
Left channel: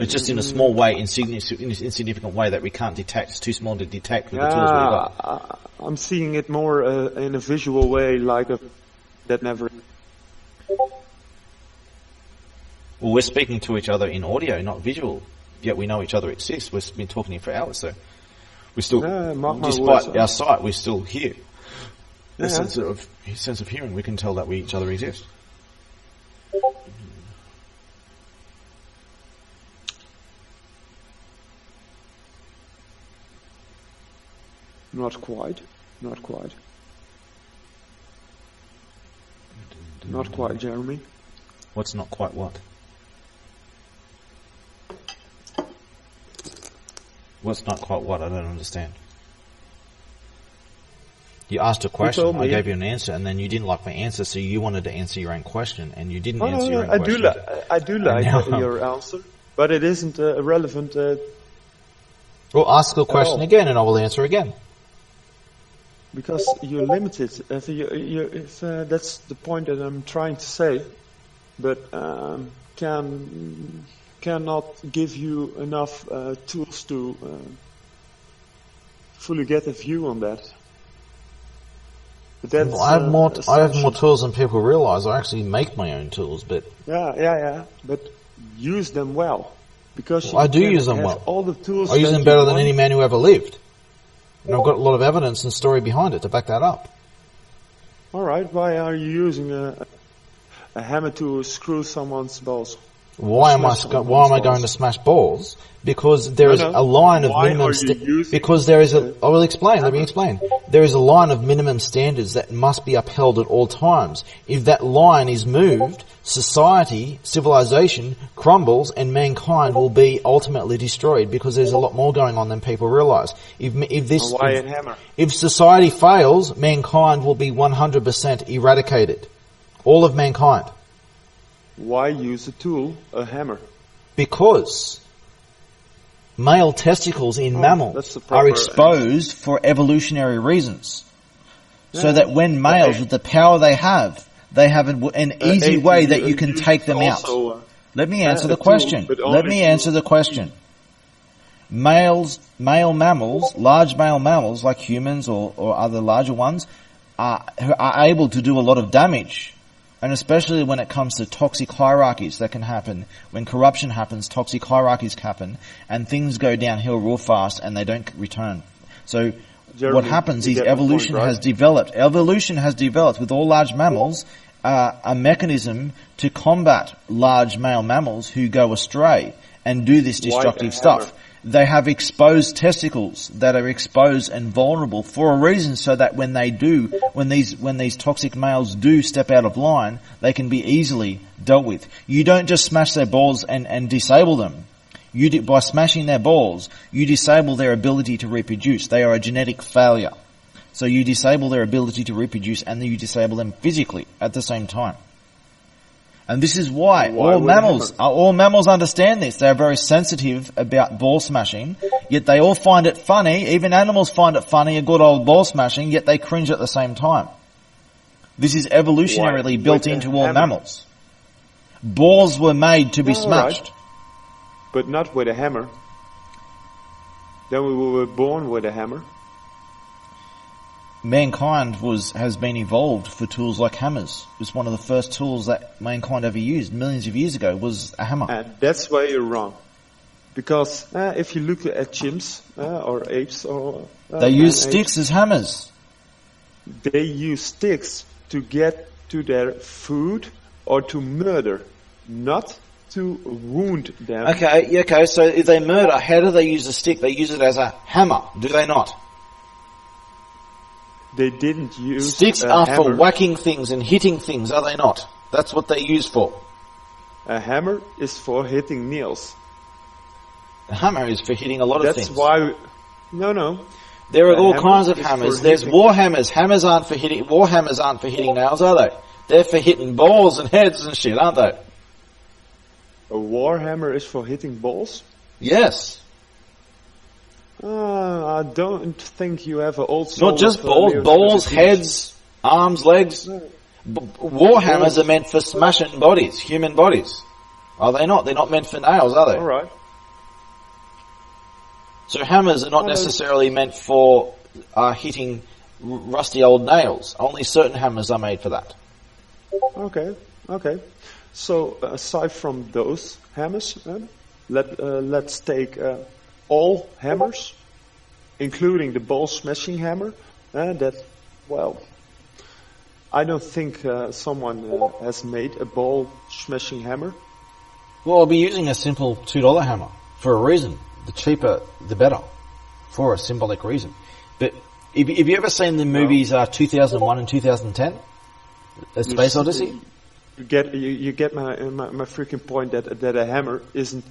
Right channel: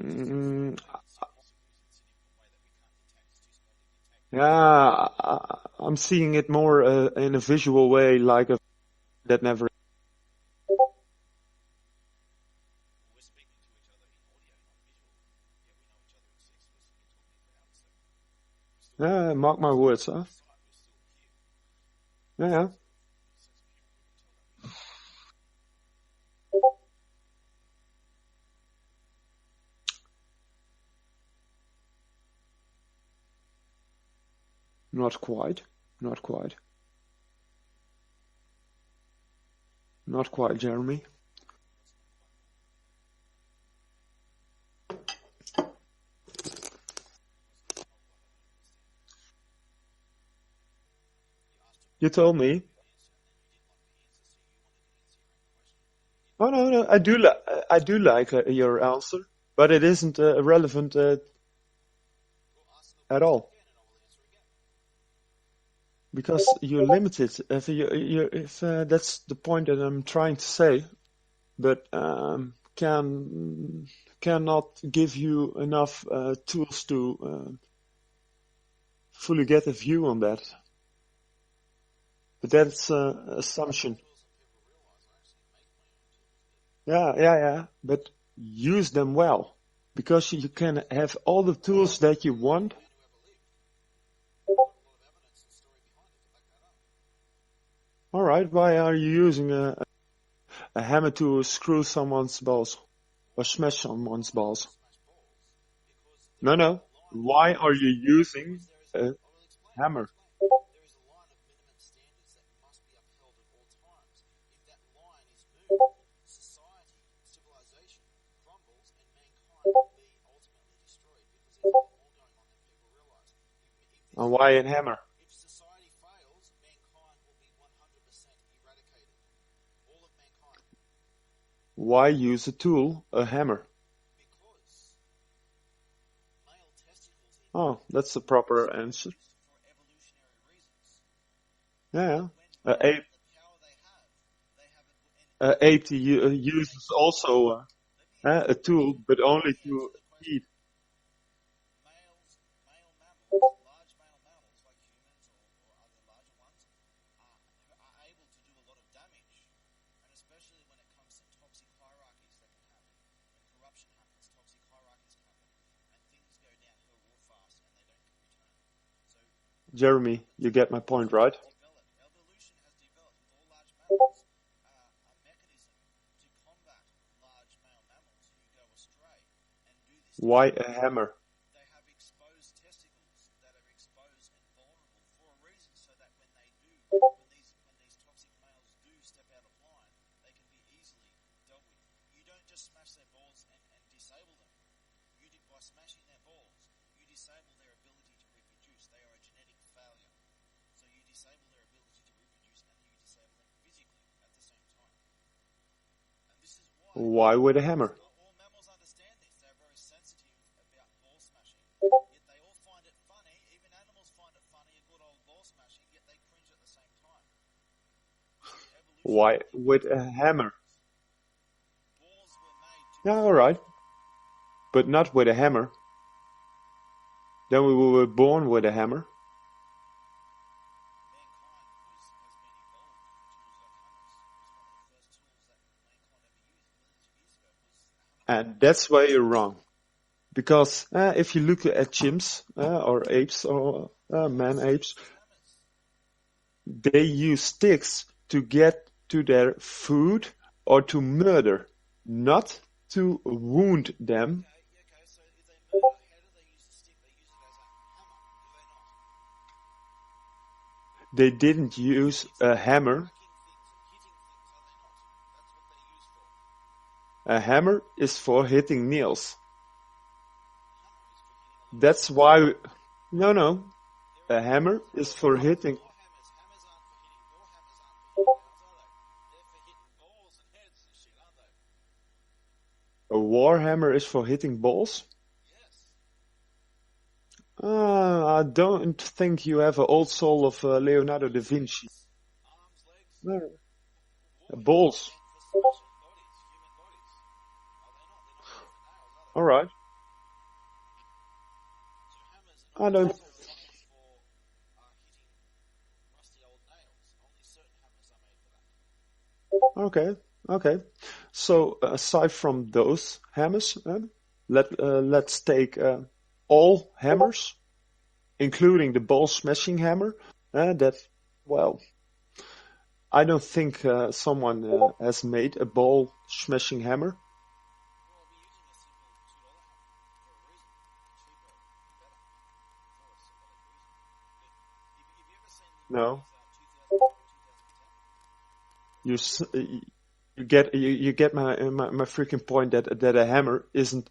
It's just in a small way, insignificant way that we can't detect. It's too small to detect. Yeah, I'm seeing it more in a visual way, like that never. Well, we're speaking to each other in audio, not visual. Yet we know each other exists. We've been talking here for hours, so we're still, despite our sight, we're still here. Yeah. Sense of hearing, we can tell that each other exist. Not quite. Not quite, Jeremy. What's not quite what? What's not quite what? I don't understand. You asked a question, I gave you an answer, and then you didn't like my answer, so you wanted to answer your own question, and you didn't answer your own question. I do like your answer, but it isn't relevant. Well, ask the question again, and I will answer again. Because you're limited. If that's the point that I'm trying to say, but cannot give you enough tools to fully get a view on that. But that's, I have more tools than people realize. I actually make my own tools, but yeah. But use them well, because you use them have well. All the tools. I use them better than any man who ever lived. And I've got a lot of evidence and story behind it to back that up. All right. Why are you using a hammer to screw someone's balls? Why am I going to smash balls? Because there is a line of minimum because there is I will explain. Let me explain. There is a line of minimum standards that must be upheld at all times. If that line is moved, society, civilization crumbles, and mankind will be ultimately destroyed, because there's a lot more going on than people realize. If society fails, mankind will be 100% eradicated. All of mankind. Why use a tool, a hammer? Because male testicles in mammals are exposed for evolutionary reasons. Yeah. So that when males, with the power they have an easy way that you can take them out. Let me answer the question. Male mammals, large male mammals like humans or other larger ones, are able to do a lot of damage. And especially when it comes to toxic hierarchies that can happen. When corruption happens, toxic hierarchies happen, and things go downhill real fast and they don't return. So Jeremy, what happens is evolution has developed. Evolution has developed with all large mammals a mechanism to combat large male mammals who go astray and do this destructive stuff. They have exposed testicles that are exposed and vulnerable for a reason, so that when these toxic males do step out of line, they can be easily dealt with. You don't just smash their balls and disable them. By smashing their balls, you disable their ability to reproduce. They are a genetic failure. So you disable their ability to reproduce, and then you disable them physically at the same time. And this is why all mammals understand this. They are very sensitive about ball smashing, yet they all find it funny. Even animals find it funny, a good old ball smashing, yet they cringe at the same time. This is evolutionarily built into all mammals. Balls were made to be Yeah, all right. smashed. But not with a hammer. Then we were born with a hammer. Mankind has been evolved for tools like hammers. It was one of the first tools that mankind ever used millions of years ago was a hammer. And that's where you're wrong. Because if you look at chimps or apes or They use man-apes, sticks as hammers. they use sticks to get to their food or to murder, not to wound them. Okay, so if they murder, how do they use a stick? They use it as a hammer, do they not? They didn't use Sticks a are hammer. for whacking things and hitting things, are they not? That's what they're used for. A hammer is for hitting nails. A hammer is for hitting a lot of That's things. why. No. There are a all hammer kinds of is hammers. for There's hitting- war hammers. War hammers aren't for hitting nails, are they? They're for hitting balls and heads and shit, aren't they? A war hammer is for hitting balls. Yes. I don't think you have an old soul. Not just of, balls, Leonardo balls, da Vinci. heads, arms, legs. War hammers Balls. are meant for smashing bodies, human bodies. Are they not? They're not meant for nails, are they? All right. So hammers are not I don't- necessarily meant for hitting rusty old nails. Only certain hammers are made for that. Okay. So aside from those hammers, let's take all hammers, including the ball smashing hammer. I don't think someone has made a ball smashing hammer. Well, I'll be using a simple $2 hammer for a reason. The cheaper, the better, for a symbolic reason. But have you ever seen the movies 2001 and 2010? The Space Odyssey? You get my freaking point that a hammer isn't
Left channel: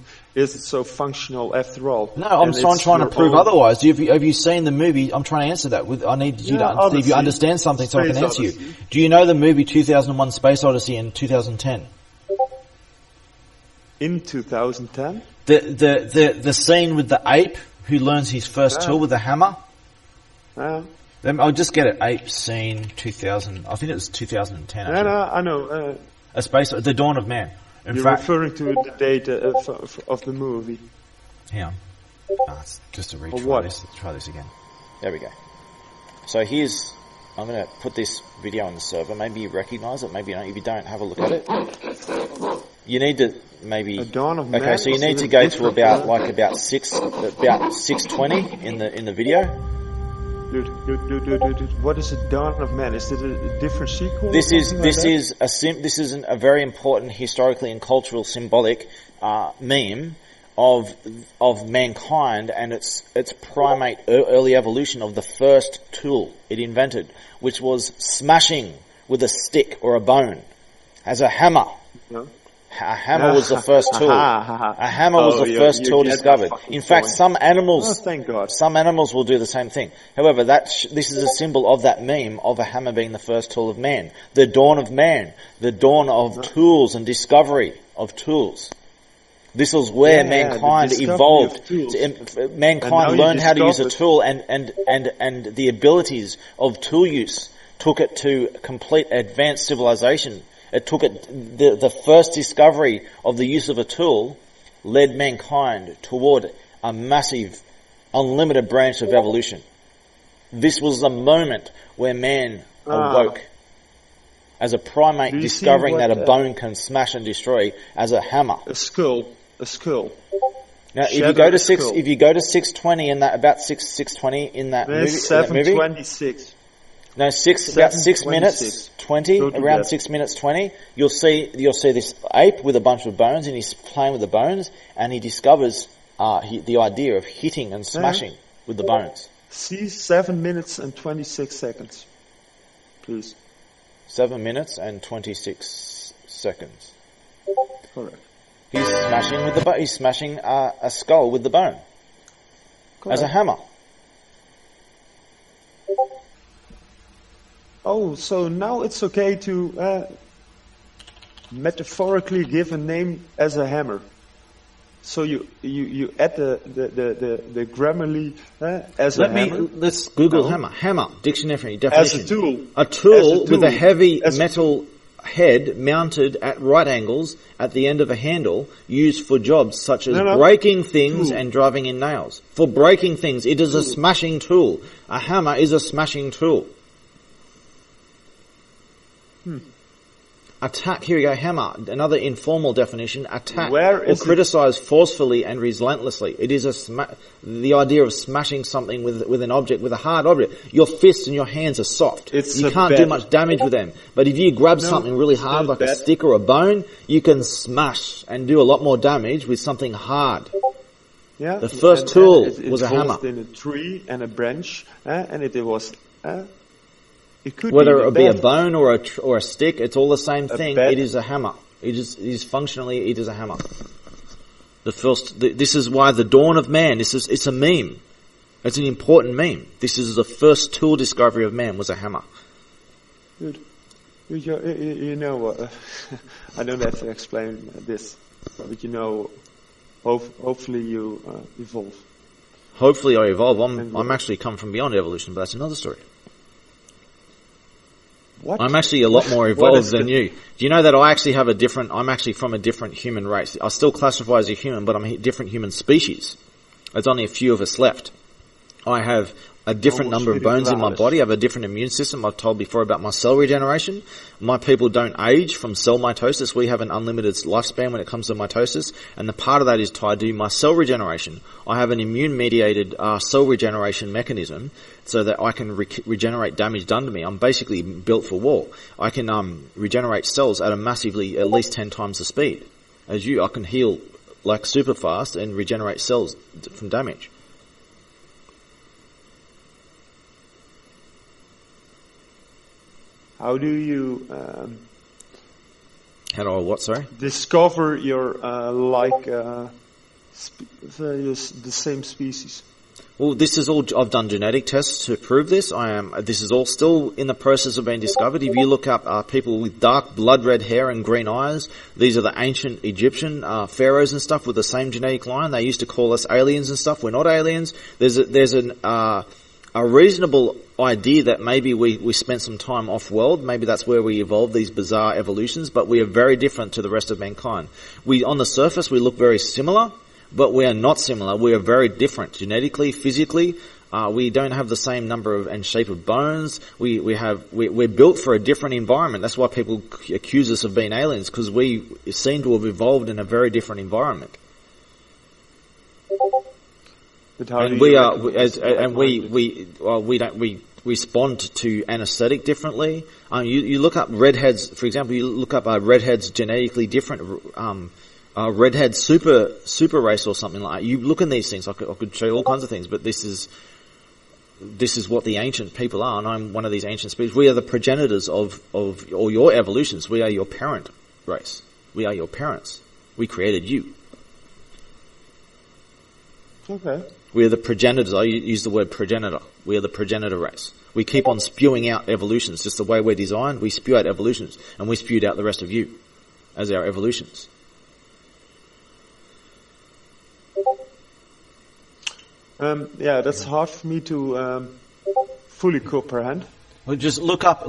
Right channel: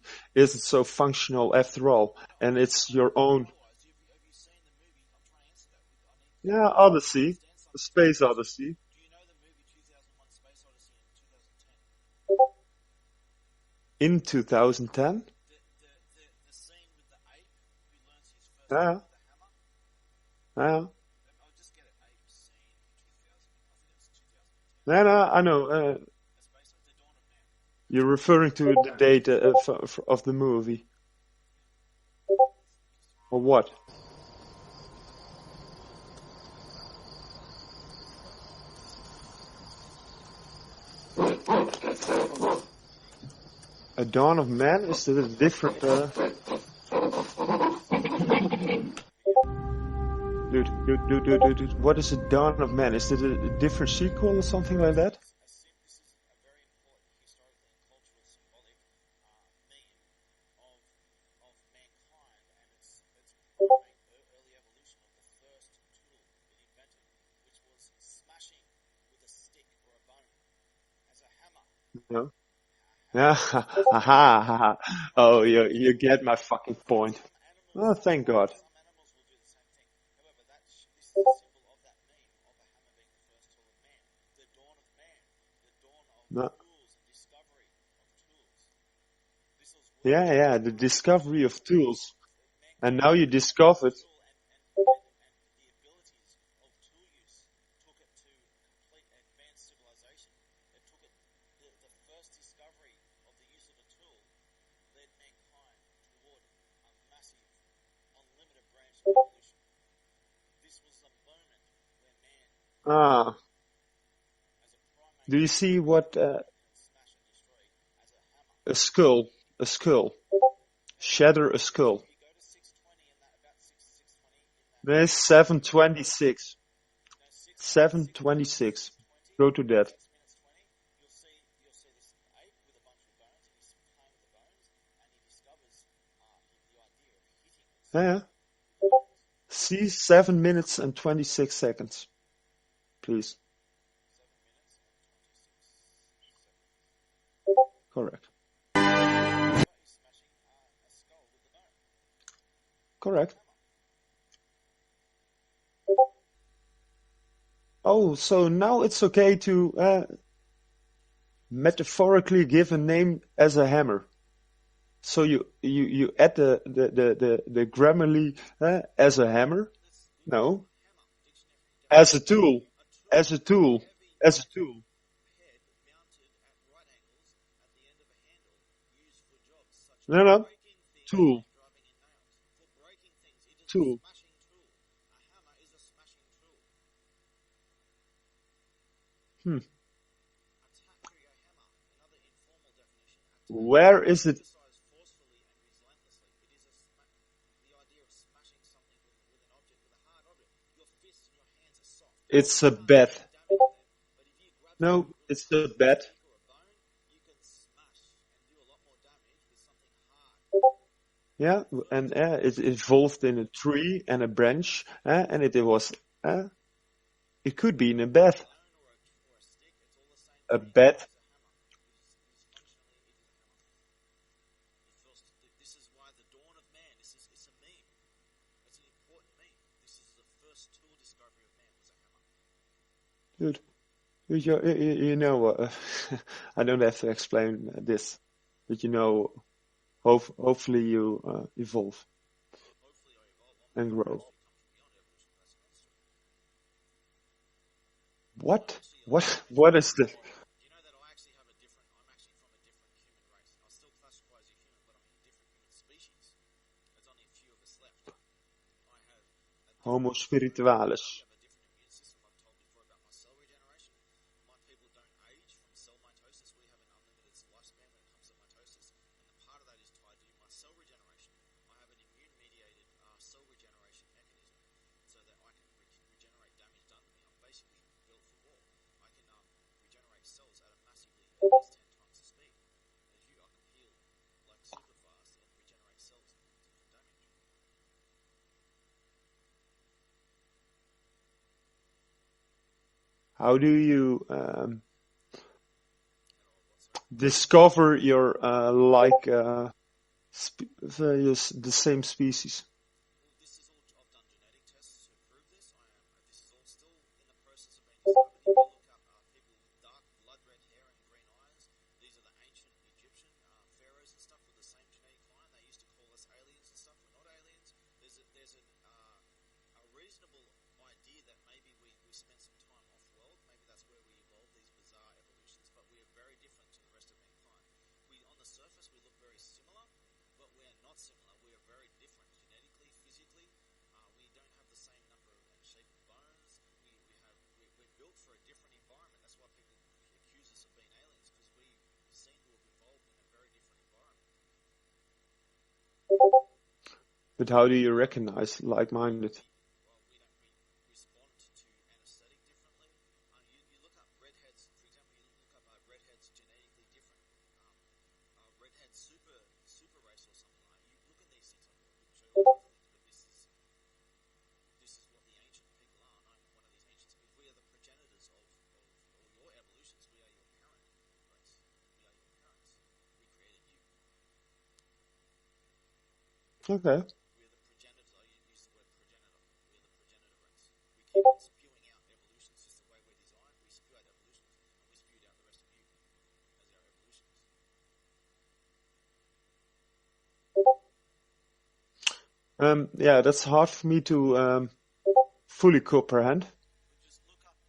so functional after all. No, I'm And trying it's to your prove own- other. Have you seen the movie? I'm trying to answer that. I need you Yeah, to see if you Odyssey. understand something so I can Space answer you. Odyssey. Do you know the movie 2001 Space Odyssey and 2010? In 2010. The scene with the ape who learns his first tool with a hammer? I'll just get it. Ape scene 2000. I think it was 2010. No, I know. The Dawn of Man. In You're fact, referring to the date of the movie. hang on. It's just a retry. Or what? Let's try this again. There we go. So I'm going to put this video on the server. Maybe you recognise it, maybe you don't. If you don't, have a look at it. You need to maybe. A Dawn of Man. Okay, so you is need a to go to different, about 6:20 in the video. Dude, what is a Dawn of Man? Is it a different sequel? or This something like that? this is a very important historically and cultural symbolic meme of mankind and its primate early evolution of the first tool it invented, which was smashing with a stick or a bone as a hammer. No? A hammer was the first tool. A hammer was the first tool get my discovered. fucking In fact, point. some animals. Oh, thank God. Some animals will do the same thing. However, this is a symbol of that meme of a hammer being the first tool of man. The dawn of man. The dawn of tools and discovery of tools. This was where the mankind discovery evolved. of tools. Mankind And now you learned how to use a discovered- tool and the abilities of tool use took it to complete advanced civilization. It took it, the first discovery of the use of a tool led mankind toward a massive, unlimited branch of evolution. This was the moment where man awoke as a primate, Do you see discovering what, that a bone can smash and destroy as a hammer. A skull. Now, Shatter a skull. if you go to 6:20 in that, about 6:20 in that movie, There's 7:26. No, about 6 7:26. minutes 20, Go to around that. 6 minutes 20, you'll see this ape with a bunch of bones, and he's playing with the bones, and he discovers the idea of hitting and smashing with the bones. See, 7 minutes and 26 seconds. Please. 7 minutes and 26 seconds. Correct. He's smashing a skull with the bone Correct. as a hammer. Oh, so now it's okay to metaphorically give a name as a hammer. So you add the Grammarly as a hammer Let's Google No. hammer. Hammer, dictionary definition. as a tool. A tool, As a tool. with a heavy As a metal head mounted at right angles at the end of a handle used for jobs such as No. breaking things Tool. and driving in nails. For breaking things, it is a Tool. smashing tool. A hammer is a smashing tool. Attack, here we go, hammer. Another informal definition, attack Where or is it? criticize forcefully and relentlessly. It is the idea of smashing something with an object, with a hard object. Your fists and your hands are soft. It's you a can't do bat. much damage with them. But if you grab No, something really it's hard not like a bat. stick or a bone, you can smash and do a lot more damage with something hard. Yeah. The first tool it was a involved hammer. in a tree and a branch, and it was. It could Whether be it a be a bat. bone or a stick, it's all the same thing. bat. It is a hammer. It is functionally, it is a hammer. This is why the dawn of man, it's a meme. It's an important meme. This is the first tool discovery of man was a hammer. Good. You know, I don't have to explain this, but you know, hopefully you evolve. Hopefully I evolve. And I'm actually come from beyond evolution, but that's another story. What? I'm actually a lot more What evolved is than the- you. Do you know that I'm actually from a different human race? I still classify as a human, but I'm a different human species. There's only a few of us left. I have a different Homo number of bones in my spiritualis. body. I have a different immune system. I've told before about my cell regeneration. My people don't age from cell mitosis. We have an unlimited lifespan when it comes to mitosis, and the part of that is tied to my cell regeneration. I have an immune-mediated cell regeneration mechanism so that I can regenerate damage done to me. I'm basically built for war. I can regenerate cells at at least 10 times the speed as you. I can heal like super fast and regenerate cells from damage. How do you How do I what, sorry? discover your the same species? Well, this is all, I've done genetic tests to prove this. This is all still in the process of being discovered. If you look up people with dark blood red hair and green eyes, these are the ancient Egyptian pharaohs and stuff with the same genetic line. They used to call us aliens and stuff. We're not aliens. There's a reasonable idea that maybe we spent some time off-world. Maybe that's where we evolved these bizarre evolutions, but we are very different to the rest of mankind. On the surface, we look very similar, but we are not similar. We are very different genetically, physically. We don't have the same number of and shape of bones. We're built for a different environment. That's why people accuse us of being aliens, because we seem to have evolved in a very different environment. But how do And you we are, recognize we respond to anesthetic differently. You look up redheads, for example. You look up redheads genetically different. Redhead super race or something like that. You look in these things. I could show you all kinds of things, but this is what the ancient people are, and I'm one of these ancient species. We are the progenitors of all your evolutions. We are your parent race. We are your parents. We created you. Okay. We are the progenitors. I use the word progenitor. We are the progenitor race. We keep on spewing out evolutions. Just the way we're designed, we spew out evolutions, and we spewed out the rest of you as our evolutions. Yeah, that's hard for me to fully comprehend. Well, just look up.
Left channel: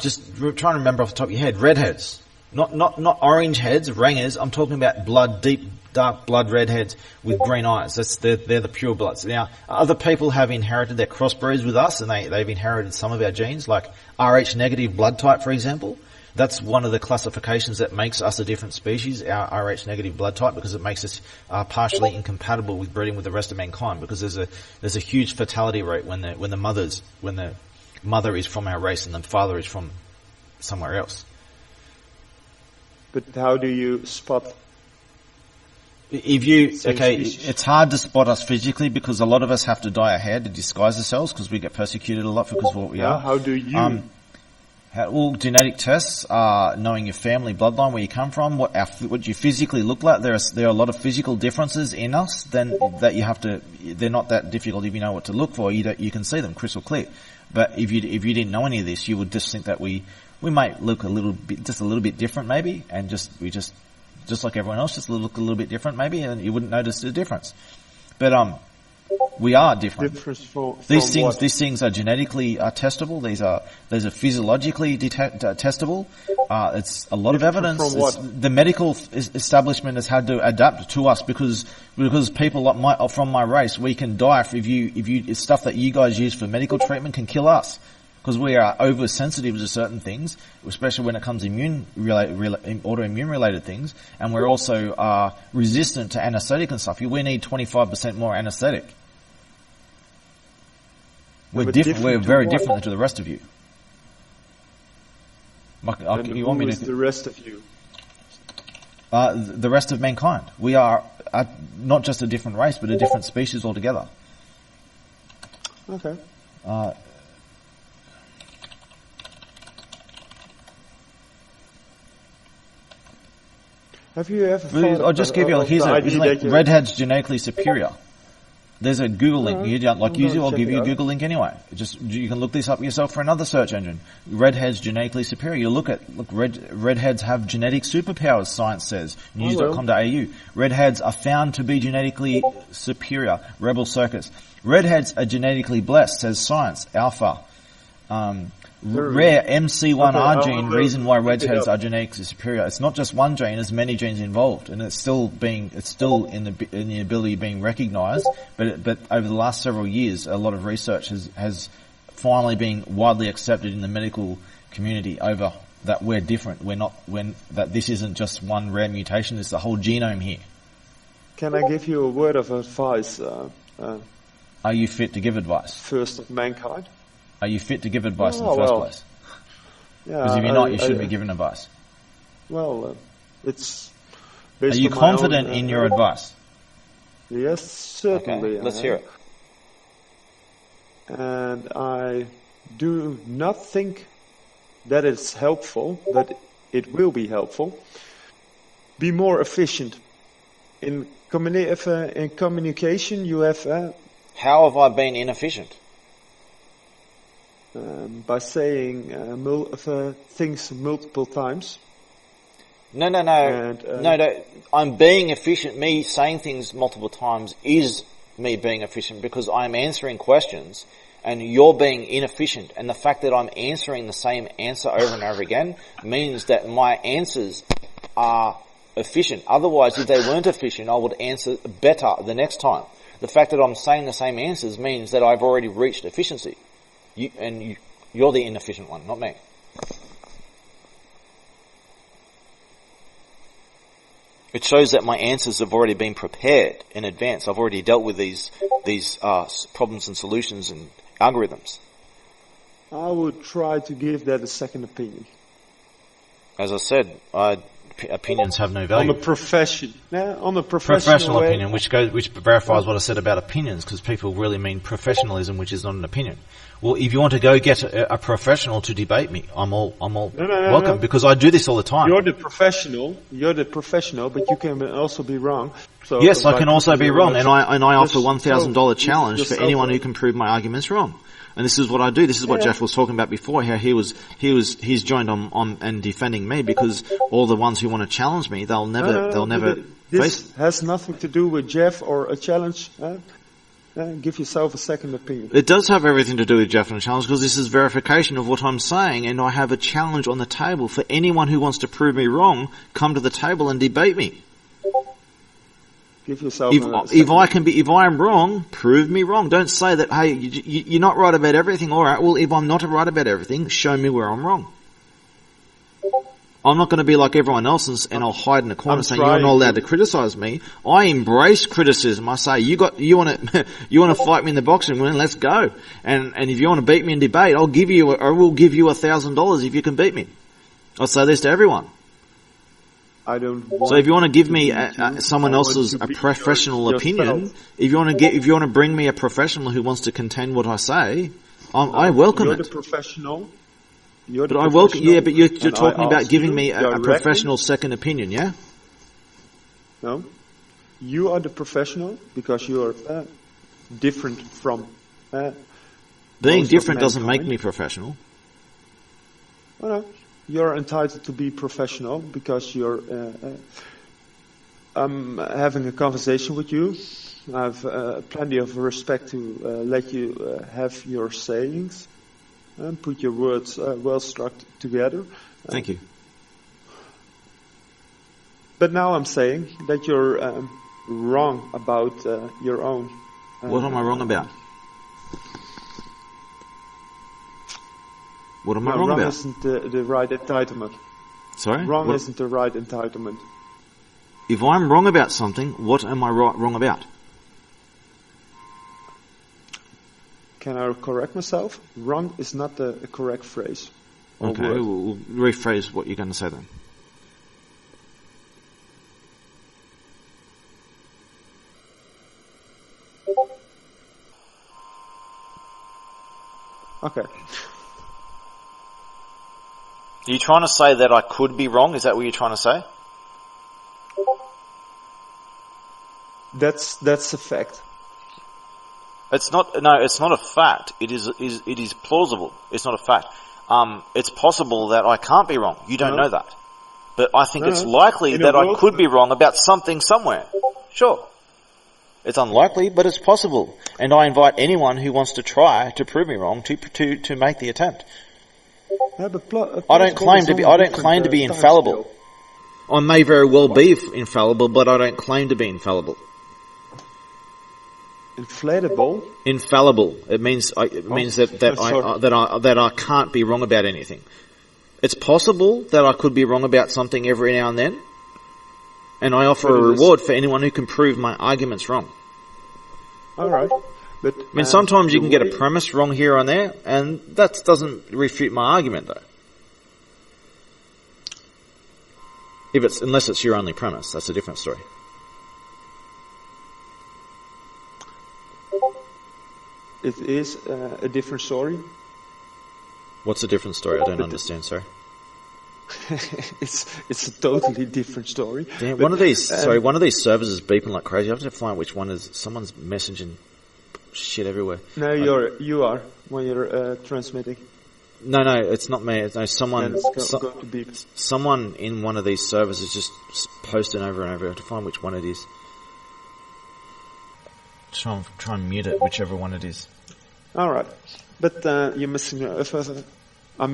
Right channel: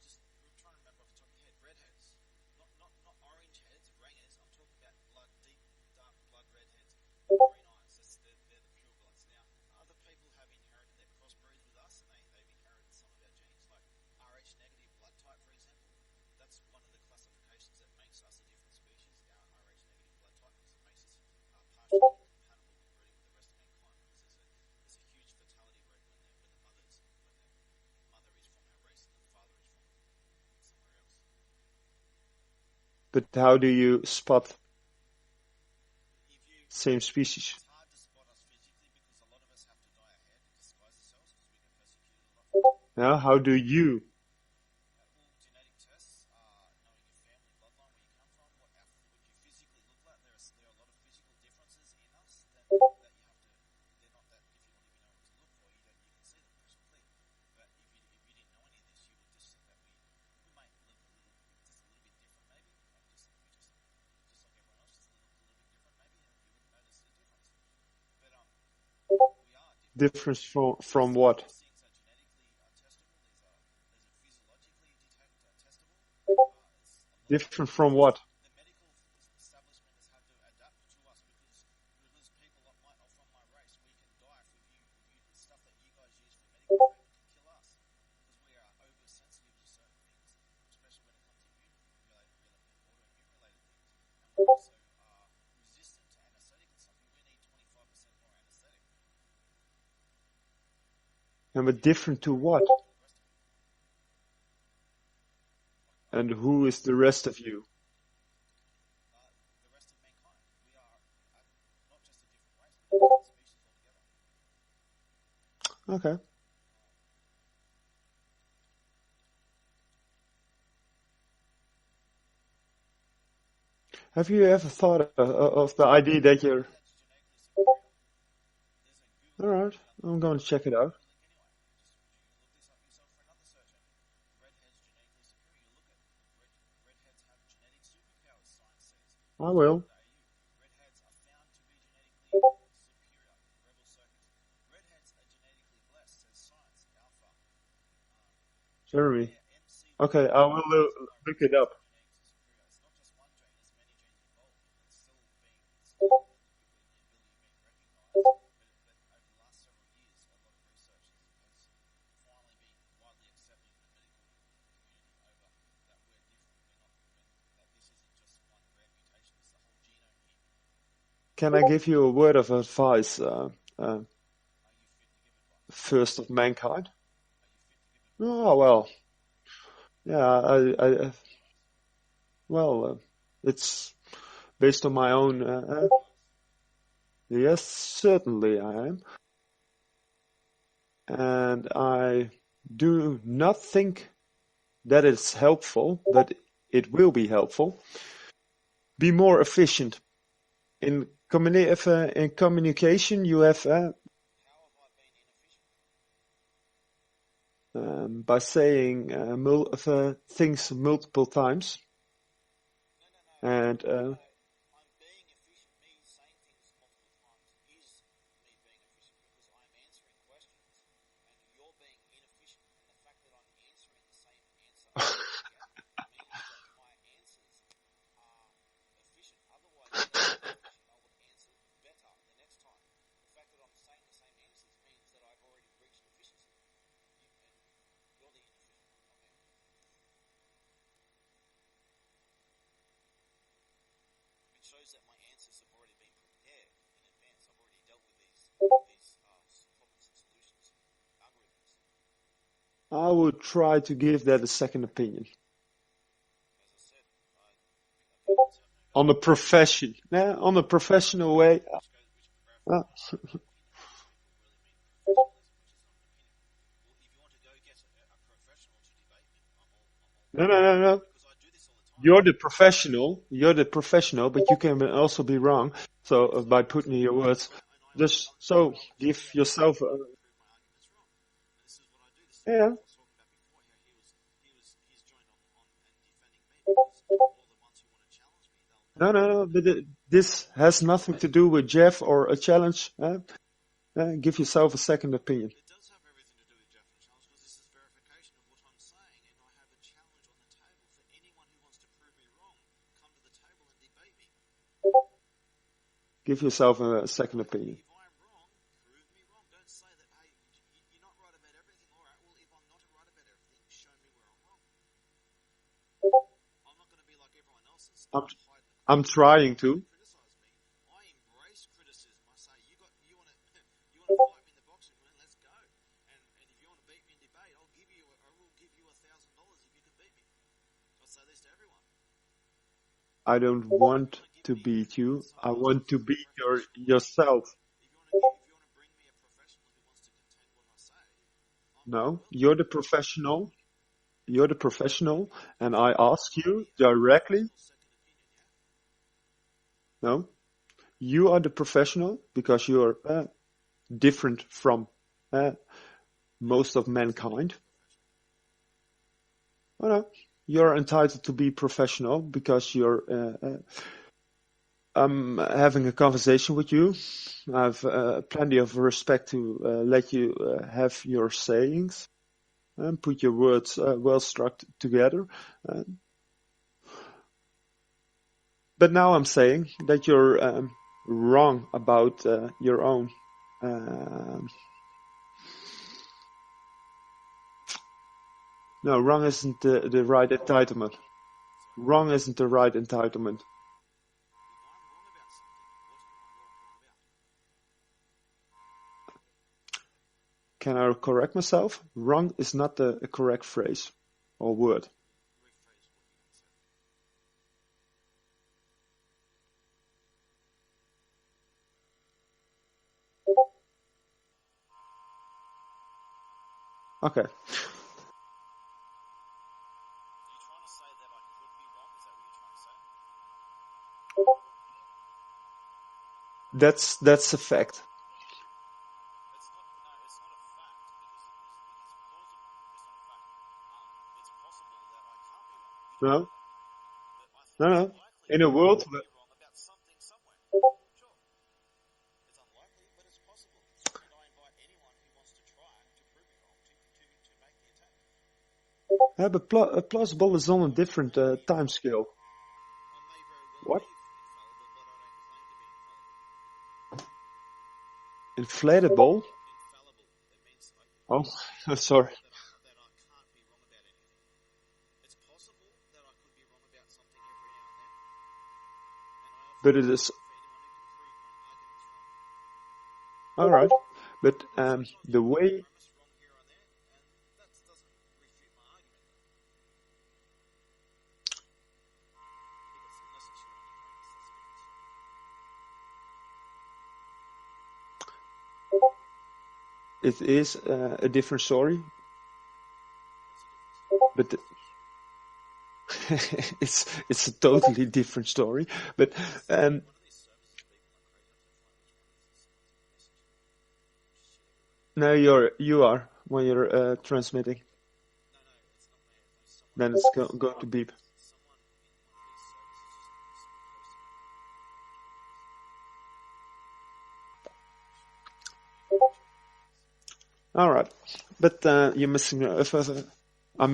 Just try and remember off the top of your head. Redheads, not orange heads, rangers. I'm talking about deep, dark blood redheads with green eyes. They're the pure bloods. Now, other people have inherited their crossbreeds with us, and they've inherited some of our genes, like Rh negative blood type, for example. That's one of the classifications that makes us a different species, our Rh negative blood type, because it makes us partially incompatible with breeding with the rest of mankind. Because there's a huge fatality rate when the mother is from our race and the father is from somewhere else. But how do you spot? Species. It's hard to spot us physically because a lot of us have to dye our hair to disguise ourselves because we get persecuted a lot because of what we are. How do you? All genetic tests, knowing your family bloodline, where you come from, what you physically look like. There are a lot of physical differences in us. That you have to. They're not that difficult if you know what to look for. You can see them crystal clear. But if you didn't know any of this, you would just think that we might look a little bit different maybe, and just like everyone else, just look a little bit different maybe, and you wouldn't notice the difference. But we are different. Difference from These what? things are genetically testable. These are physiologically testable. It's a lot of Different evidence. from what? The medical establishment has had to adapt to us because people from my race, we can die if stuff that you guys use for medical treatment can kill us because we are oversensitive to certain things, especially when it comes to autoimmune related things, and we're also resistant to anesthetic and stuff. We need 25% more anesthetic. We're very different to the rest of you. And who is the rest of you? The rest of mankind. We are not just a different race, but a different species altogether. Okay. Have you ever thought I'll just give you the idea that redhead's genetically superior? There's a Google link. You don't like use it, I'll give you a out. Google link anyway. You can look this up yourself for another search engine. Redhead's genetically superior. You look redheads have genetic superpowers, science says. News.com.au. Redheads are found to be genetically superior. Rebel Circus. Redheads are genetically blessed, says science. Alpha. Rare MC1R gene, reason why redheads are genetically superior. It's not just one gene, there's many genes involved, and it's still in the ability being recognised. But over the last several years, a lot of research has finally been widely accepted in the medical community over that we're different. That this isn't just one rare mutation, it's the whole genome here. Can I give you a word of advice? Are you fit to give advice? First of mankind. Are you fit to give advice in the first place? Yeah, because if you're not, you shouldn't be giving advice. Well, it's based on my own... Are you confident in your advice? Yes, certainly. Okay, let's hear it. And I do not think that it's helpful, but it will be helpful. Be more efficient. In communication, you have... How have I been inefficient? By saying things multiple times. No. No. I'm being efficient. Me saying things multiple times is me being efficient because I'm answering questions and you're being inefficient. And the fact that I'm answering the same answer over and over again means that my answers are efficient. Otherwise, if they weren't efficient, I would answer better the next time. The fact that I'm saying the same answers means that I've already reached efficiency. You're the inefficient one, not me. It shows that my answers have already been prepared in advance. I've already dealt with these problems and solutions and algorithms. I would try to give that a second opinion. As I said, opinions have no value. On the professional way. Opinion, which verifies what I said about opinions, because people really mean professionalism, which is not an opinion. Well, if you want to go get a professional to debate me, I'm all welcome, because I do this all the time. You're the professional, but you can also be wrong. So yes, I can also be wrong, and I offer $1,000 challenge for anyone who can prove my arguments wrong. And this is what I do. This is what Jeff was talking about before. How he's joined on and defending me because all the ones who want to challenge me, they'll never. This has nothing to do with Jeff or a challenge. Give yourself a second opinion. It does have everything to do with Jeff and a challenge because this is verification of what I'm saying, and I have a challenge on the table for anyone who wants to prove me wrong. Come to the table and debate me. Give yourself if I am wrong, prove me wrong. Don't say that, hey, you're not right about everything. All right, well, if I'm not right about everything, show me where I'm wrong. I'm not going to be like everyone else and I'll hide in a corner saying you're not allowed to criticize me. I embrace criticism. I say, you want to fight me in the boxing ring, let's go. And if you want to beat me in debate, I will give you $1,000 if you can beat me. I say this to everyone. I don't want. So if you want to give me someone else's professional opinion, if you want to bring me a professional who wants to contend what I say, I welcome it. You're the professional. But you're talking about giving me a professional second opinion, yeah? No, you are the professional because you're different from. Being different doesn't make me professional. Oh, no. You're entitled to be professional because you're. I'm having a conversation with you. I have plenty of respect to let you have your sayings and put your words well struck together. Thank you. But now I'm saying that you're wrong about your own. What am I wrong about? What am I No, wrong wrong about? isn't the right entitlement. Sorry? Wrong What- isn't the right entitlement. If I'm wrong about something, what am I wrong about? Can I correct myself? Wrong is not a correct phrase or Okay, word. we'll rephrase what you're going to say then. Okay. Are you trying to say that I could be wrong? Is that what you're trying to say? That's a fact. It's not. No, it's not a fact. It is plausible. It's not a fact. It's possible that I can't be wrong. You don't No. know that, but I think No, it's no. likely In a that I world- could be wrong about something somewhere. Sure, it's unlikely, but it's possible. And I invite anyone who wants to try to prove me wrong to make the attempt. Yeah, but I don't claim to be. I don't claim to be infallible. I may very well be infallible, but I don't claim to be infallible. Inflatable. Infallible. It means sorry. that I can't be wrong about anything. It's possible that I could be wrong about something every now and then, and I offer But a it is- reward for anyone who can prove my arguments wrong. All right. But I mean, sometimes you the can get way- a premise wrong here and there, and that doesn't refute my argument, though. Unless it's your only premise, that's a different story. It is a different story. What's a different story? I don't But- understand, sorry. It's a totally different story. Yeah, But, one of these servers is beeping like crazy. I have to find which one is. Someone's messaging shit everywhere. No, you are when you're transmitting. No, it's not me. No, Then it's going to beep. someone in one of these servers is just posting over and over. I have to find which one it is. Try and mute it, whichever one it is. All right, but you're missing. If I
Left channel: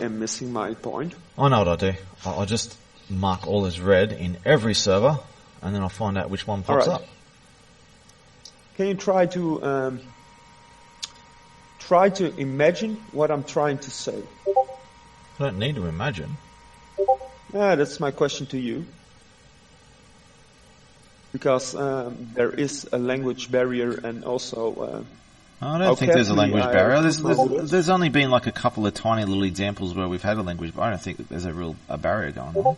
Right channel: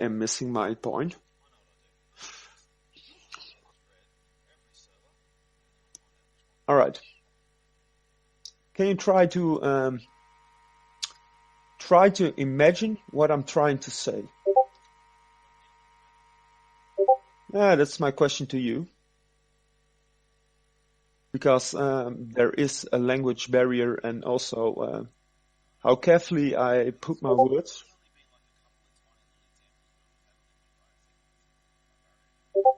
am missing my point. I know what I do. I just mark all as red in every server, and then I'll find out which one pops All right. up. Can you try to imagine what I'm trying to say? I don't need to imagine. That's my question to you. Because there is a language barrier and also I don't How think there's a carefully language I barrier. put my words. There's only been like a couple of tiny little examples where we've had a language, but I don't think that there's a barrier going on.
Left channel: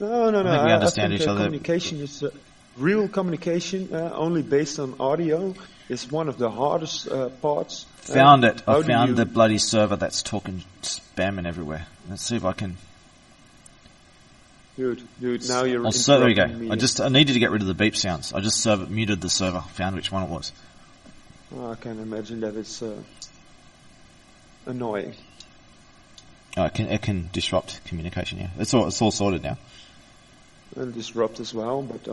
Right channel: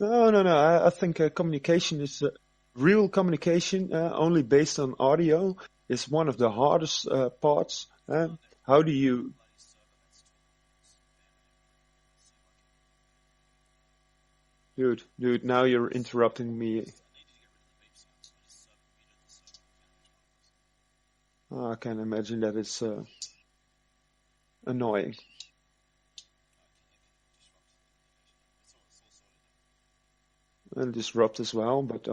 no. we I understand think each other. communication is real communication. Only based on audio is one of the hardest parts. Found it. How I do found you- the bloody server that's talking spamming everywhere. Let's see if I can. Dude, now you're So there we go. interrupting me. I needed to get rid of the beep sounds. I just muted the server. Found which one it was. I can imagine that it's annoying. Oh, it can disrupt communication. Yeah, it's all sorted now. And disrupt as well, but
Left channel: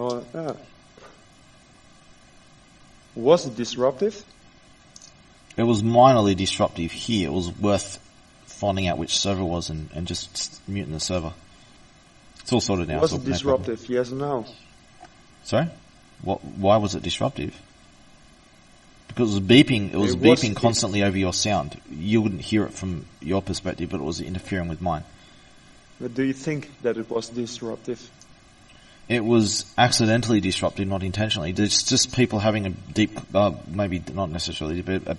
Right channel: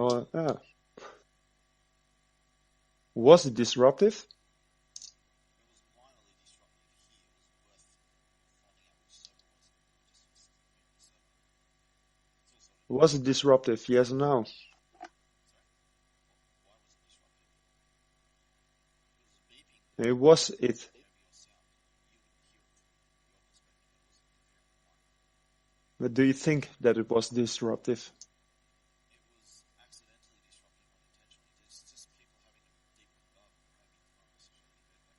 was it disruptive? It was minorly disruptive here. It was worth finding out which server it was and just muting the server. It's all sorted now. Was It's it all- no problem. disruptive? Yes or no? Sorry? Why was it disruptive? Because it was beeping. It was It was- beeping constantly over your sound. You wouldn't hear it from your perspective, but it was interfering with mine. But do you think that it was disruptive? It was accidentally disruptive, not intentionally. It's just people having a deep, maybe not necessarily, but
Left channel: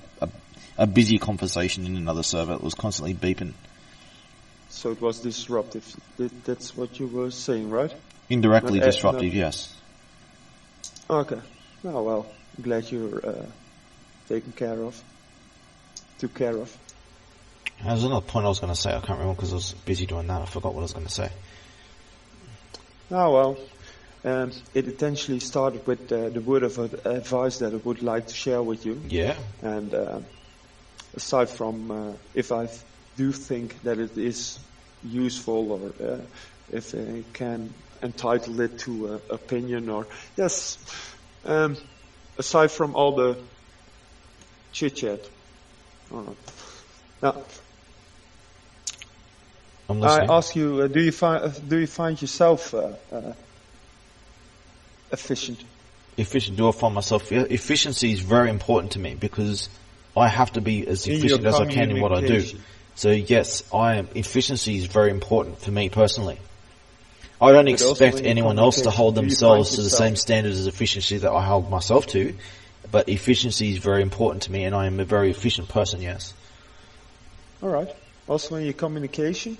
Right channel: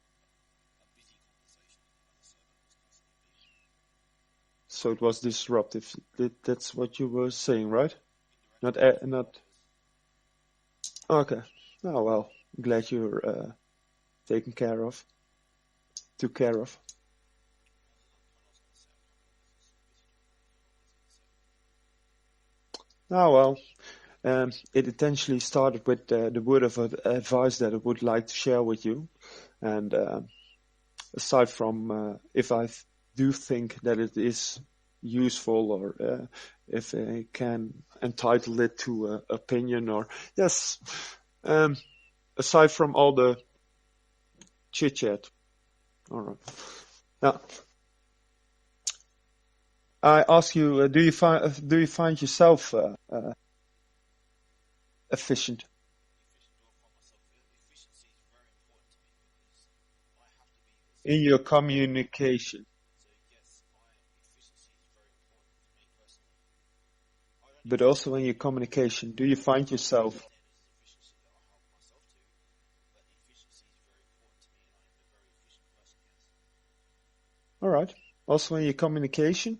a busy conversation in another server. It was constantly beeping. So it was disruptive. That's what you were saying, right? Indirectly Not- disruptive, yes. Okay. Oh well, I'm glad you're took care of. There's another point I was going to say. I can't remember because I was busy doing that. I forgot what I was going to say. Oh well, it essentially started with the word of advice that I would like to share with you. Yeah. And aside from if I do think that it is useful or if I can entitle it to opinion or yes, aside from all the chit chat. All right. Now, I'm I listening. ask you, do you find yourself efficient? Efficient. Do I find myself? Efficiency is very important to me because I have to be as In your efficient as I can in what I do. communication. So yes, efficiency is very important for me personally. I don't But also expect in your anyone else to hold communication, do you find themselves to the yourself- same standards as efficiency that I hold myself to, but efficiency is very important to me, and I am a very efficient person. Yes. All right. Also in your communication?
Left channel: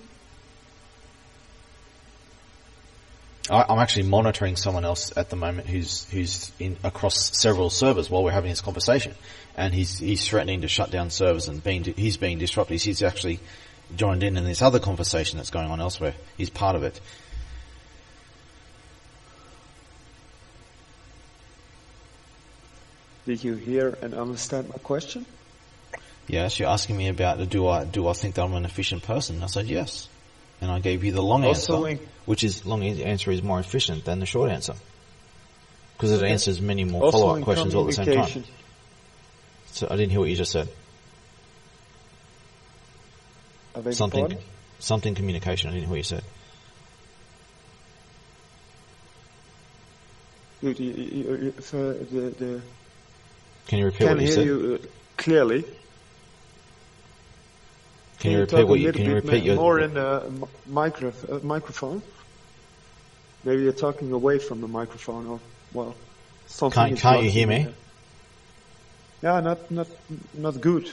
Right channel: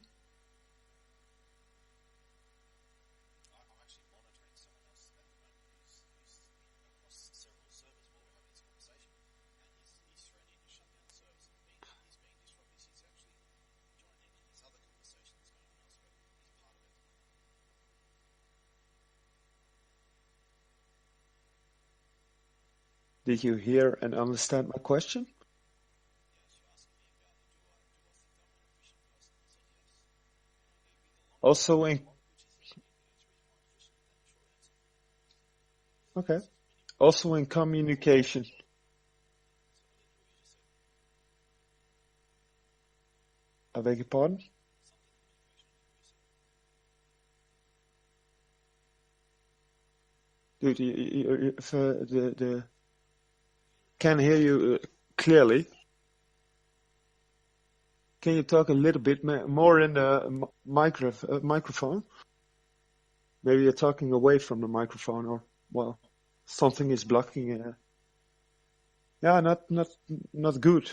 I'm actually monitoring someone else at the moment who's in across several servers while we're having this conversation, and he's threatening to shut down servers and he's being disruptive. He's actually joined in this other conversation that's going on elsewhere. He's part of it. Did you hear and understand my question? Yes, you're asking me about do I think that I'm an efficient person? I said yes, and I gave you the long Also answer, which is long answer is more efficient than the short answer because it Okay. answers many more Also follow-up in questions all at the same time. communication. So I didn't hear what you just said. I beg your pardon? Something communication. I didn't hear what you said. Dude, the Can you repeat can what you hear said? you clearly. Can you repeat talk a what you- little can you bit repeat your- more in the microphone? Maybe you're talking away from the microphone, or well, something Can't- is can't you blocking hear me? here. Yeah, not good,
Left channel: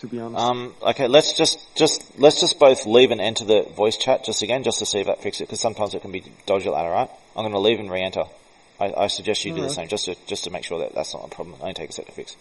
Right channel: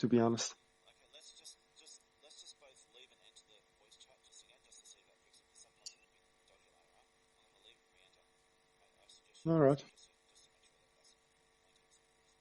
to be honest. Okay, let's just both leave and enter the voice chat just again, just to see if that fixes it, because sometimes it can be dodgy like that, alright? I'm going to leave and re-enter. I suggest you do the Alright. same, just to make sure that that's not a problem. Only take a sec to fix.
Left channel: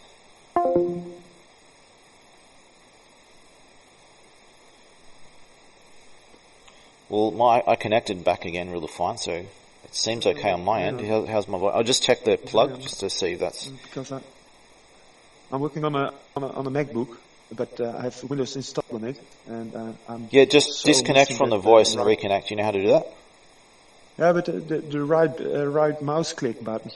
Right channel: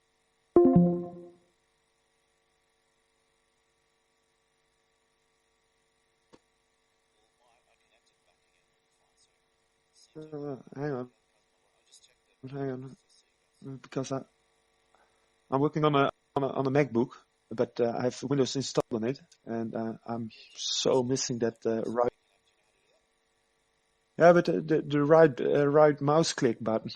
Well, I connected back again really fine, so it seems okay on my end. How's my voice? I'll just check the plug just to see if that's... Because I'm working on a MacBook, but I have Windows installed on it, and I'm Yeah, just so disconnect missing from the that, voice and right. reconnect. You know how to do that? Yeah, but the right mouse click button,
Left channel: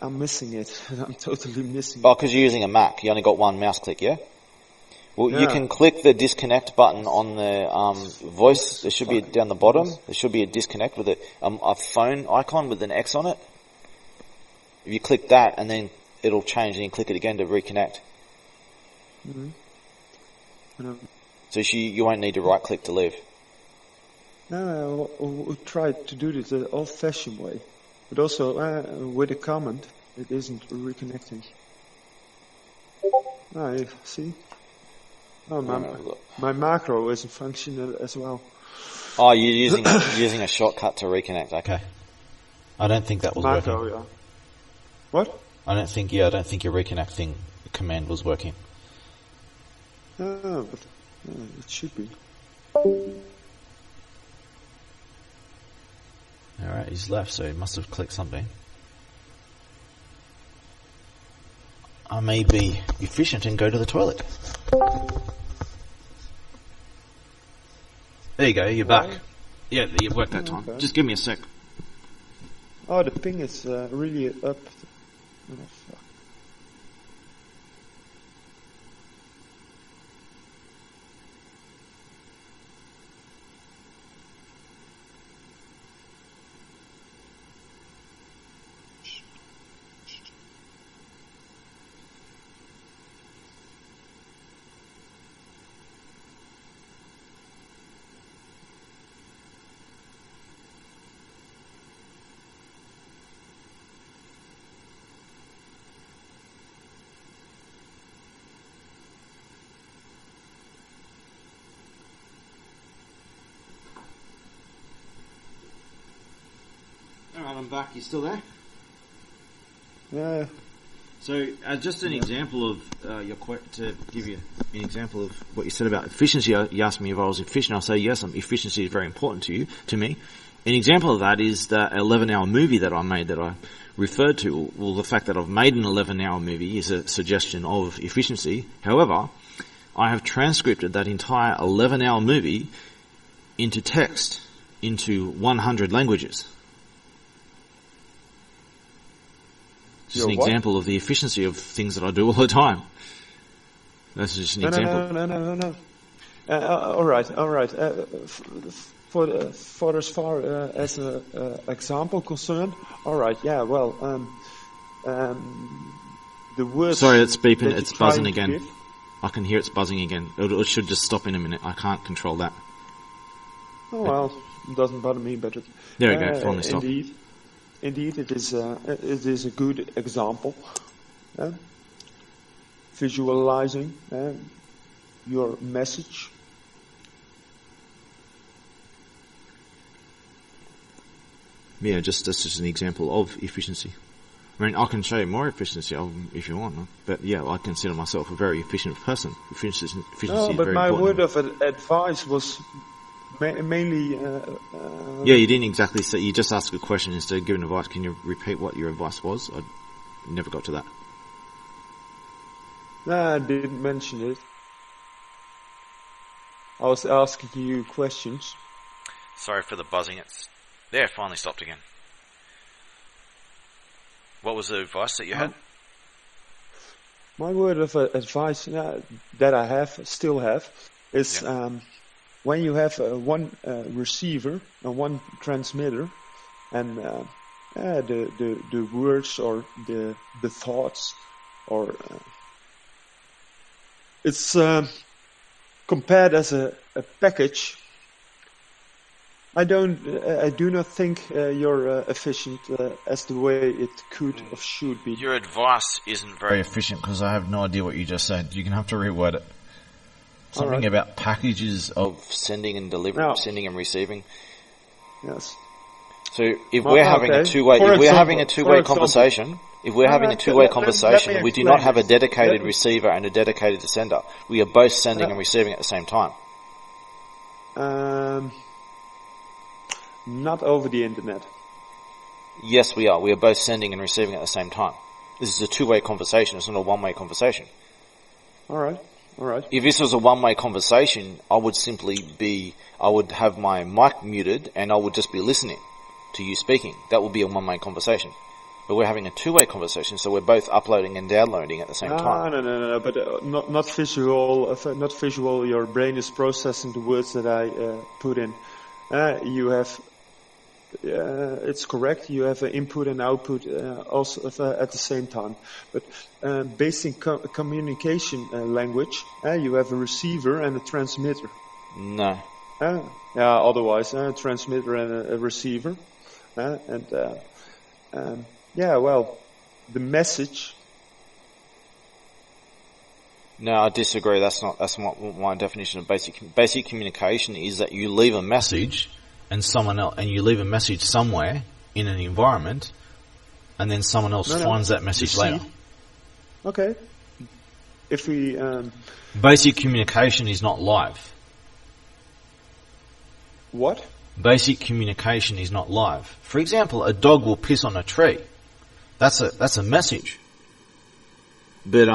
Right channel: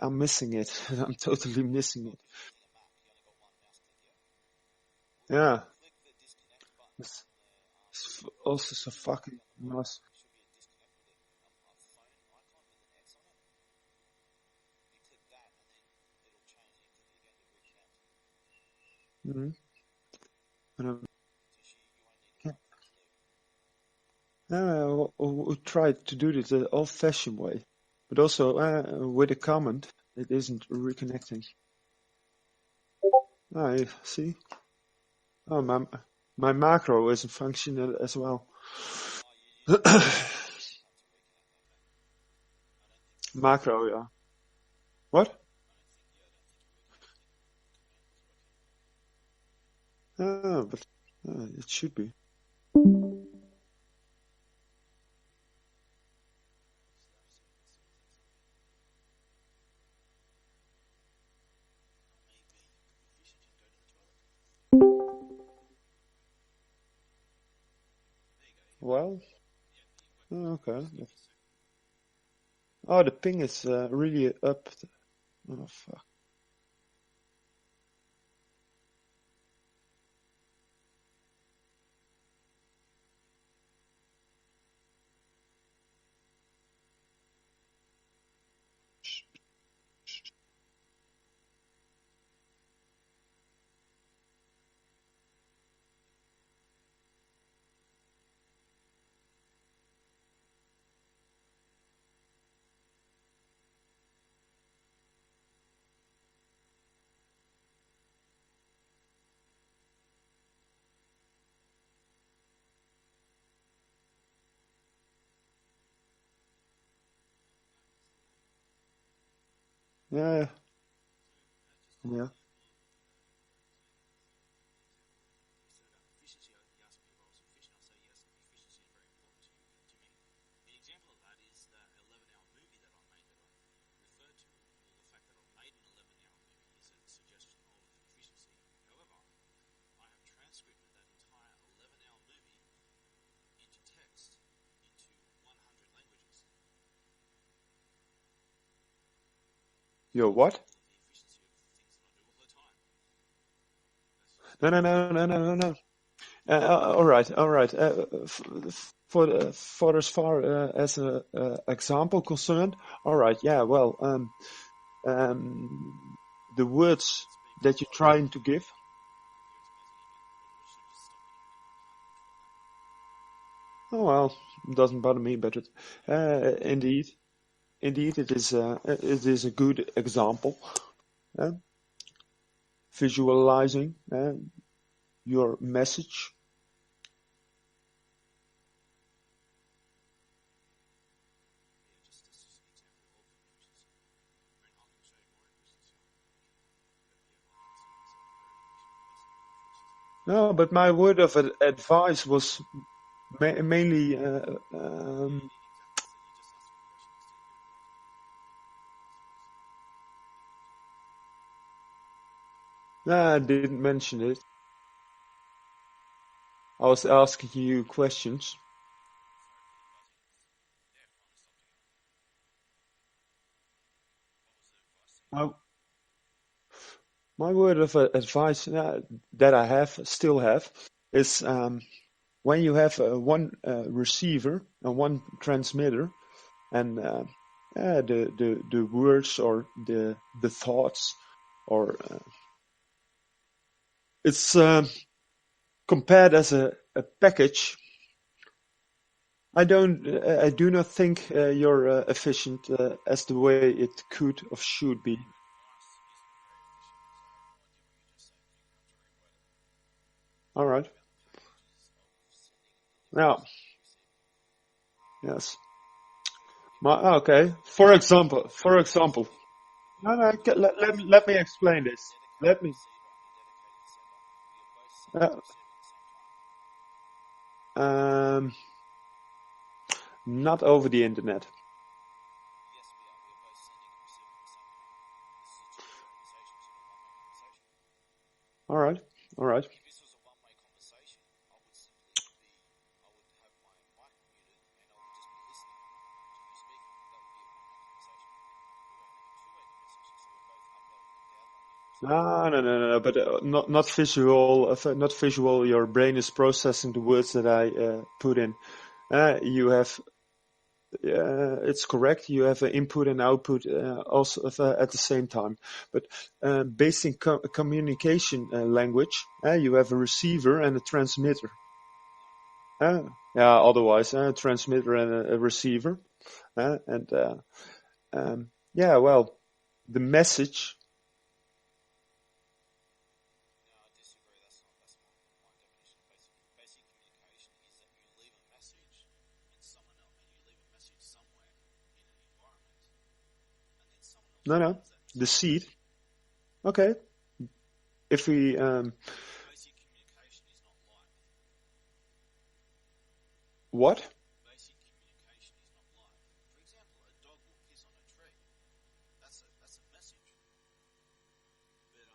I'm missing it. I'm totally missing Oh, it. because you're using a Mac. You only got one mouse click, yeah? Well, you Yeah. can click the disconnect button on the voice. There should be fucking down the bottom. mess. There should be a disconnect with a phone icon with an X on it. If you click that, and then it'll change, and you click it again to reconnect. And, So you won't need to right click to leave. no, I tried to do this the old-fashioned way, but also with a comment, it isn't reconnecting. I see. Oh, my macro isn't functioning as well. Oh, you're using a shortcut to reconnect. Okay. Okay. I don't think that was Macro, working. yeah. What? I don't think your reconnecting command was working. But it should be. Alright, he's left, so he must have clicked something. I may be efficient and go to the toilet. There you go, you're Why? back. Yeah, you worked that time. Okay. Just give me a sec. Oh, the ping is really up. Oh, fuck. Alright, I'm back. You still there? Yeah. So, just an example of to give you an example of what you said about efficiency. You asked me if I was efficient. I'll say yes. Efficiency is very important to me. An example of that is the 11-hour movie that I made that I referred to. Well, the fact that I've made an 11-hour movie is a suggestion of efficiency. However, I have transcripted that entire 11-hour movie into text into 100 languages. Just Your an what? example of the efficiency of things that I do all the time. That's just an No, example. no. All right. For as far as an example concerned, all right. Yeah. Well, the words. Sorry, it's beeping. that It's you're trying buzzing to again. give. I can hear it's buzzing again. It should just stop in a minute. I can't control that. Oh well, it doesn't bother me, but There we go. Finally stopped. indeed, it is a good example. Visualizing your message. Yeah, that's just an example of efficiency. I mean, I can show you more efficiency if you want, but yeah, I consider myself a very efficient person. Efficiency No, is but very my important. word of advice was mainly. Yeah, you didn't exactly say. You just asked a question instead of giving advice. Can you repeat what your advice was? I never got to that. Nah, I didn't mention it. I was asking you questions. Sorry for the buzzing. It's there. Finally stopped again. What was the advice that you had? My word of advice that I still have, is when you have one receiver and one transmitter, and the words or the thoughts, or it's compared as a package. I do not think you're efficient as the way it could or should be. Your advice isn't very efficient because I have no idea what you just said. You're going to have to reword it. Something right. about packages of Sending and delivering, No. sending and receiving. Yes. So if Well, we're having okay. a two-way, For if we're having a example- two-way for example- conversation, if we're No, having a let- two-way let- let me conversation, we do not explain have a this. dedicated Let me- receiver and a dedicated sender. We are both sending and receiving at the same time. Not over the internet. Yes, we are. We are both sending and receiving at the same time. This is a two-way conversation. It's not a one-way conversation. All right. If this was a one-way conversation, I would have my mic muted and I would just be listening to you speaking. That would be a one-way conversation. But we're having a two-way conversation, so we're both uploading and downloading at the same time. No. But not visual. Not visual. Your brain is processing the words that I put in. You have. It's correct. You have an input and output also at the same time. But basic communication language, you have a receiver and a transmitter. No. Otherwise, a transmitter and a receiver. The message. No, I disagree. That's not my definition of basic communication is that you leave a message and someone else, and you leave a message somewhere in an environment, and then someone else finds that message the later. seed. Okay. If we Basic communication is not live. what? Basic communication is not live. For example, a dog will piss on a tree. That's a message. But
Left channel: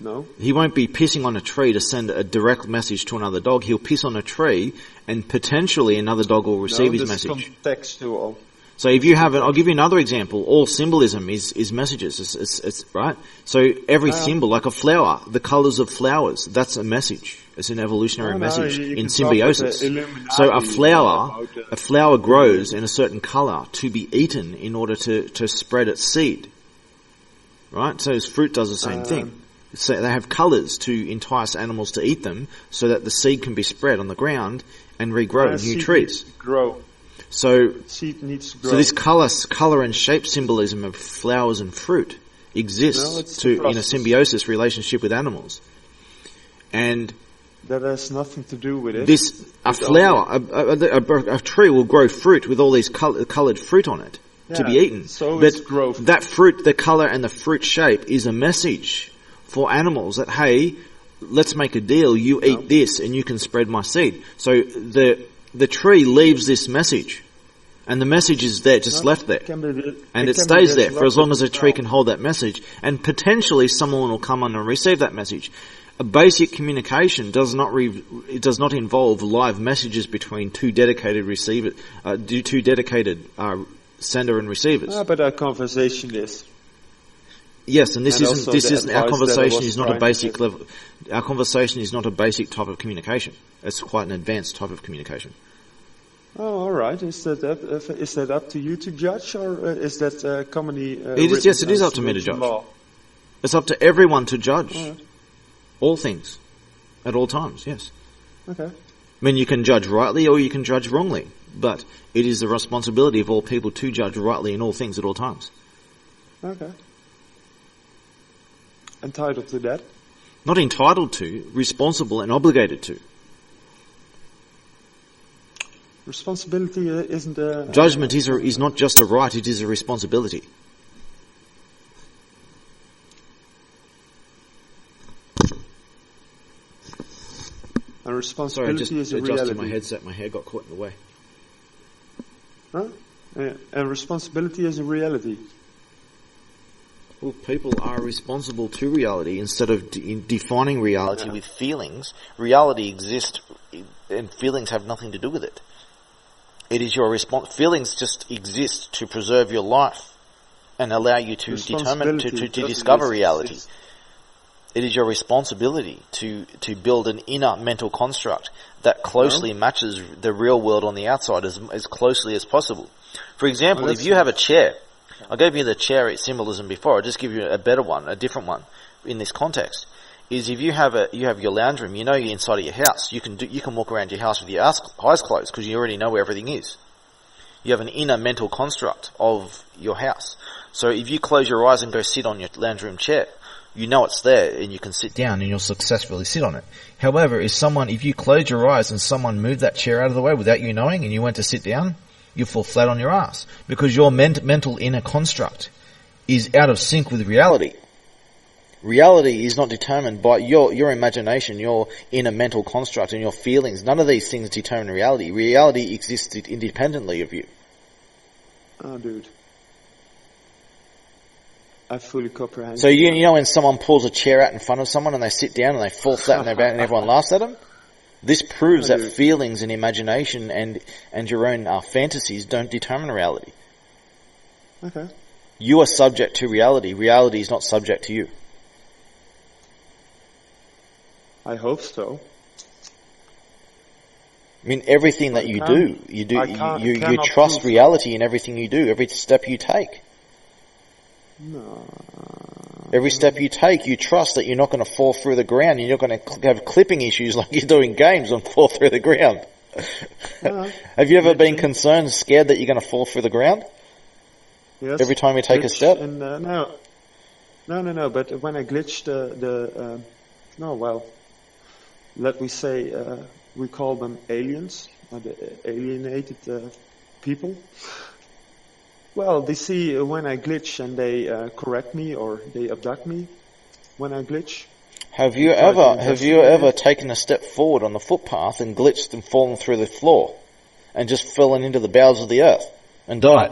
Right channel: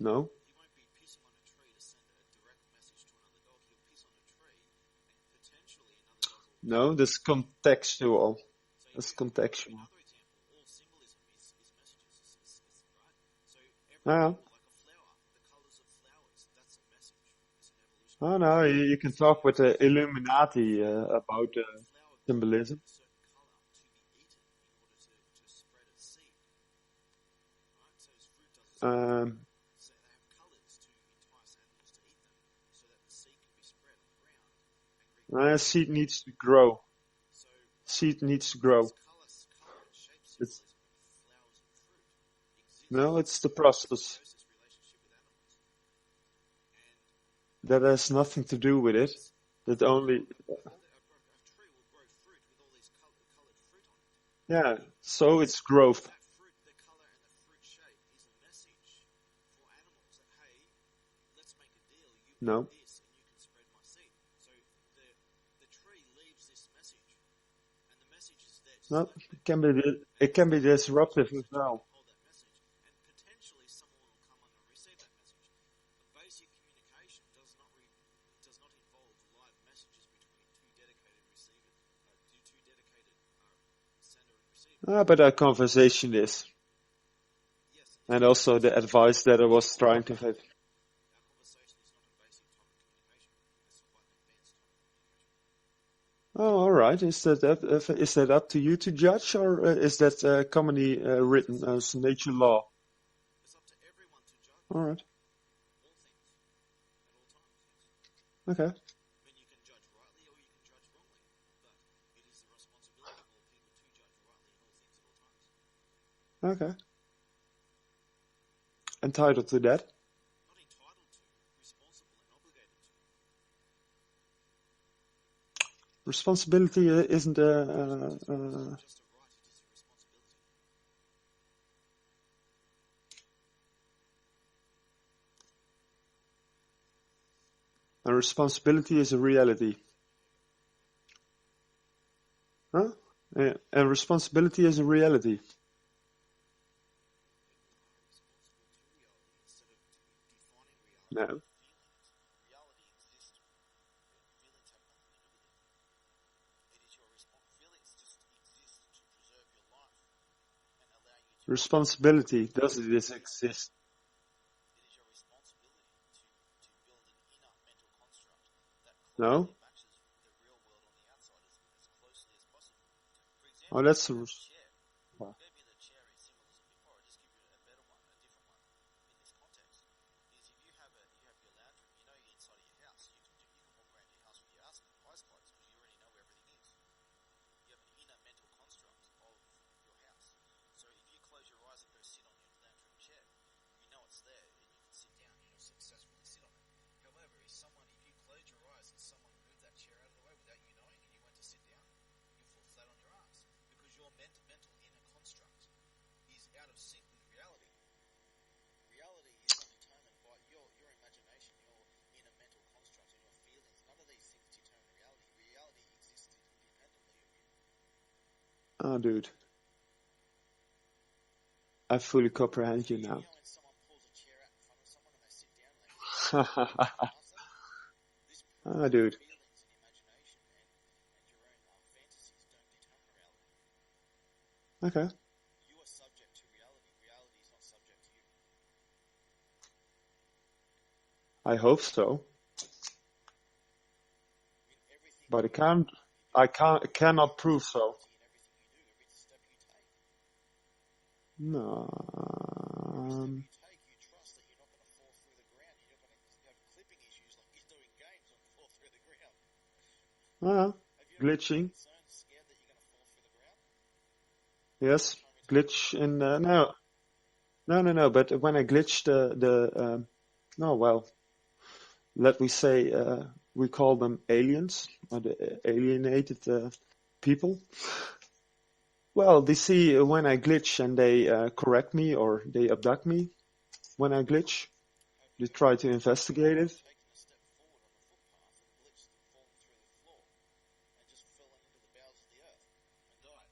No. he won't be pissing on a tree to send a direct message to another dog. He'll piss on a tree, and potentially another dog will receive his this message. is contextual. So if you have I'll give you another example. All symbolism is messages. It's right. So every symbol, like a flower, the colors of flowers, that's a message. It's an evolutionary message you in can talk with symbiosis. the Illuminati, So about, a flower grows in a certain color to be eaten in order to spread its seed. Right. So fruit does the same thing. So they have colors to entice animals to eat them, so that the seed can be spread on the ground and regrow new seed trees. needs to grow. So Seed needs to grow. so this color and shape symbolism of flowers and fruit exists No, it's the in a process. symbiosis relationship with animals. And That has nothing to do with it. a tree will grow fruit with all these colored fruit on it to be eaten. So But it's growth. that fruit, the color and the fruit shape is a message for animals that, hey, let's make a deal. You eat this and you can spread my seed. So the tree leaves this message, and the message is there, just left there. And it stays there for as long as the tree can hold that message, and potentially someone will come on and receive that message. A basic communication does not involve live messages between two dedicated sender and receivers. But our conversation is. Yes, and And also the our advice that I conversation was is not a trying to basic give. level. Our conversation is not a basic type of communication. It's quite an advanced type of communication. Oh, all right. Is that up to you to judge, or is that commonly written Yes, it is as up to me to natural judge. law? It's up to everyone to judge All right. all things at all times, yes. Okay. I mean, you can judge rightly or you can judge wrongly, but it is the responsibility of all people to judge rightly in all things at all times. Okay. Entitled to that? Not entitled to, responsible and obligated to. Responsibility isn't a... Judgment is not just a right, it is a responsibility. A responsibility is a adjusted reality. my headset, my hair got caught in the way. Huh? Yeah. A responsibility is a reality. Well, people are responsible to reality instead of defining reality with feelings. Reality exists, and feelings have nothing to do with it. It is your response. Feelings just exist to preserve your life and allow you to determine to discover reality. It is your responsibility to build an inner mental construct that closely matches the real world on the outside as closely as possible. For example, if you have a chair, I gave you the chair symbolism before. I'll just give you a better one, a different one in this context. Is if you have your lounge room, you know you're inside of your house. You can walk around your house with your eyes closed because you already know where everything is. You have an inner mental construct of your house. So if you close your eyes and go sit on your lounge room chair, you know it's there and you can sit down and you'll successfully sit on it. However, if you close your eyes and someone moved that chair out of the way without you knowing and you went to sit down, you fall flat on your ass because your mental inner construct is out of sync with reality. Reality is not determined by your imagination, your inner mental construct and your feelings. None of these things determine reality. Reality exists independently of you. Oh, dude. I fully comprehend. So you know when someone pulls a chair out in front of someone and they sit down and they fall flat on their back and everyone laughs at them? This proves that feelings and imagination and your own fantasies don't determine reality. Okay. You are subject to reality. Reality is not subject to you. I hope so. I mean, everything that you trust reality in everything you do, every step you take. No. Every step you take, you trust that you're not going to fall through the ground. You're not going to have clipping issues like you do in games and fall through the ground. Have you ever been concerned, scared that you're going to fall through the ground? Yes. Every time you take a step? No. But when I glitched let me say we call them aliens, or the alienated people. Well, they see when I glitch and they correct me or they abduct me when I glitch. Have you ever taken a step forward on the footpath and glitched and fallen through the floor and just fallen into the bowels of the earth and died?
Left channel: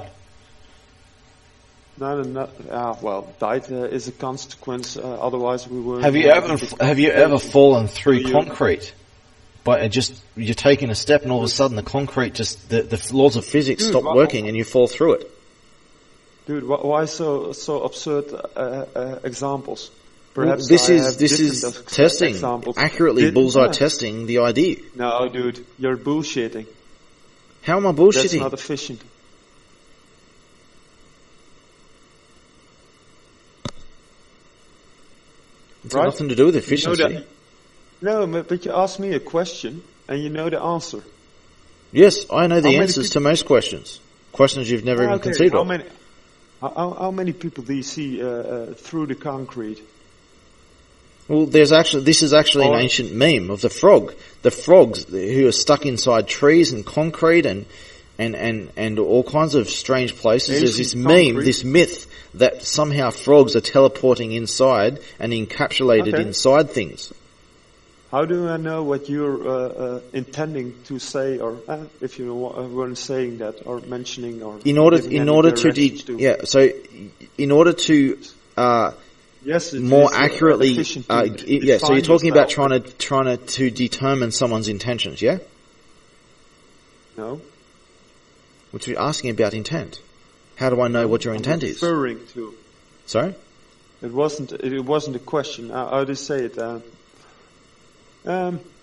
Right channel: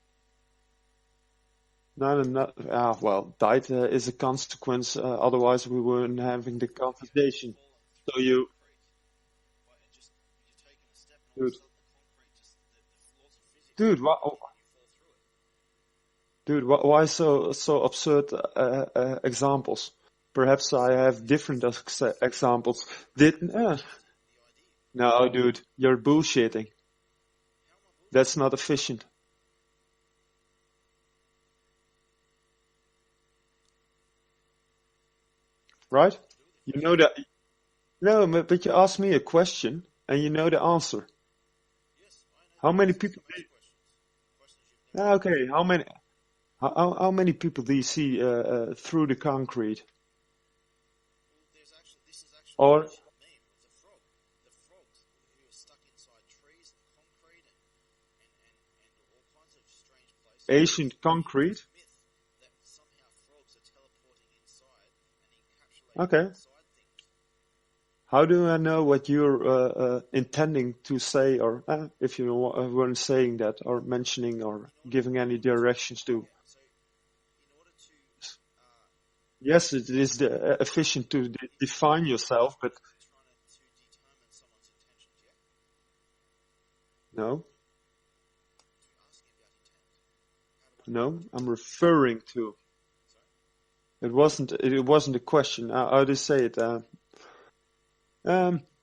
Died is a consequence. Otherwise, we would. Have you ever fallen through concrete? But you're taking a step and all of a sudden the concrete the laws of physics stop working and you fall through it. Dude, why so absurd examples? Perhaps this is testing examples. Accurately bullseye testing the idea. No, dude, you're bullshitting. How am I bullshitting? That's not efficient. It's got nothing to do with efficiency. But you asked me a question and you know the answer. Yes, I know the answers to most questions. Questions you've never even considered. How many people do you see through the concrete? Well, this is actually an ancient meme of the frog. The frogs who are stuck inside trees and concrete and all kinds of strange places. There's this meme, this myth that somehow frogs are teleporting inside and encapsulated inside things. How do I know what you're intending to say, or if you weren't saying that, or mentioning, or in order to yes, it more is, accurately efficient to so you're talking about trying to determine someone's intentions, yeah? No. What you're asking about intent. How do I know what your intent is? Referring to. Sorry? It wasn't a question. How do you say it?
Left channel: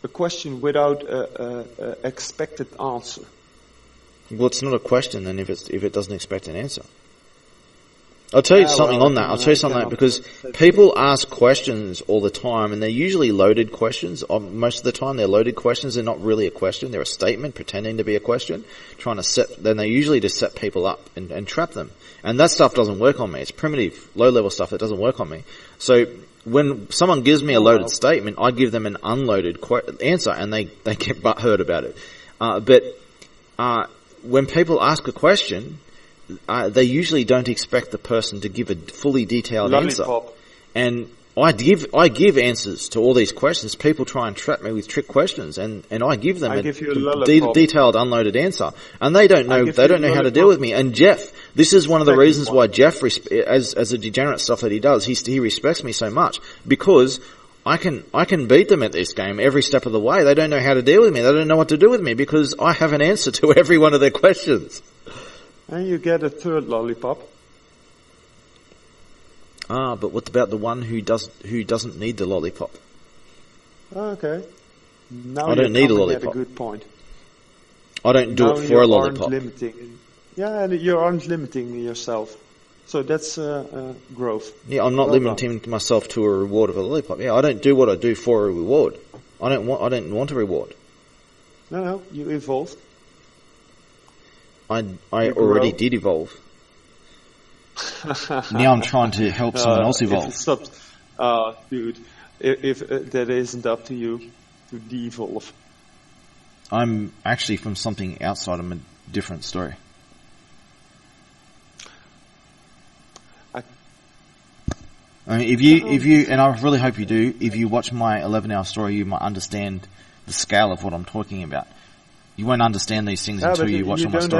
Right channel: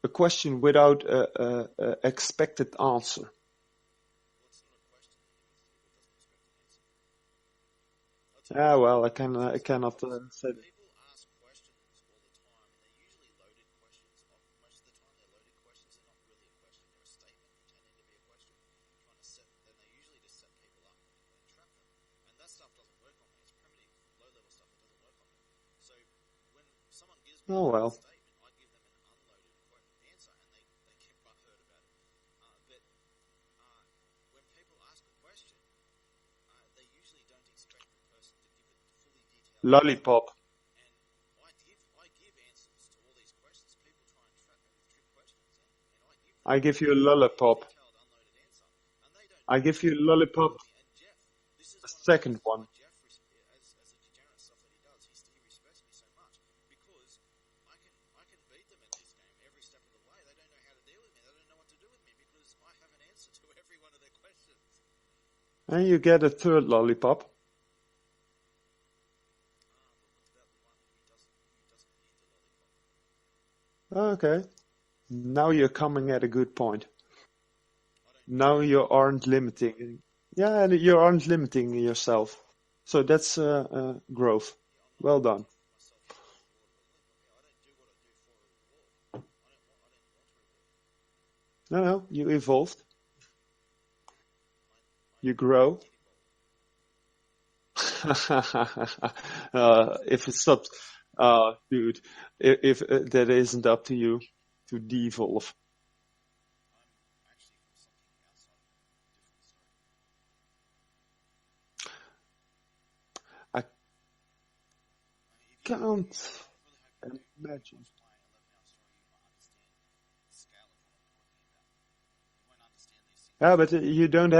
a question without a expected answer. Well, it's not a question then if it doesn't expect an answer. I'll tell you something on that. I'll tell you something because people ask questions all the time, and they're usually loaded questions. Most of the time, they're loaded questions. They're not really a question. They're a statement pretending to be a question, trying to set. Then they usually just set people up and trap them. And that stuff doesn't work on me. It's primitive, low-level stuff that doesn't work on me. So when someone gives me a loaded statement, I give them an unloaded answer, and they get butthurt about it. But when people ask a question, they usually don't expect the person to give a fully detailed answer. And I give answers to all these questions. People try and trap me with trick questions, and I give them a detailed, unloaded answer, and they don't know how to deal with me. And Jeff, this is one of the reasons why Jeff, as a degenerate stuff that he does, he respects me so much, because I can beat them at this game every step of the way. They don't know how to deal with me. They don't know what to do with me because I have an answer to every one of their questions. And you get a third lollipop. But what about the one who doesn't need the lollipop? Okay. Now you're coming at a good point. I don't do it for a lollipop. You aren't limiting yourself. So that's growth. Yeah, I'm not limiting myself to a reward of a lollipop. Yeah, I don't do what I do for a reward. I don't want a reward. No, you evolved. I already did evolve. Now I'm trying to help someone else evolve. If it stops, dude, if that isn't up to you to de-evolve. I'm actually from something outside of a different story. I mean, if you, and I really hope you do, if you watch my 11-hour story, you might understand the scale of what I'm talking about. You won't understand these things until you watch my story. You don't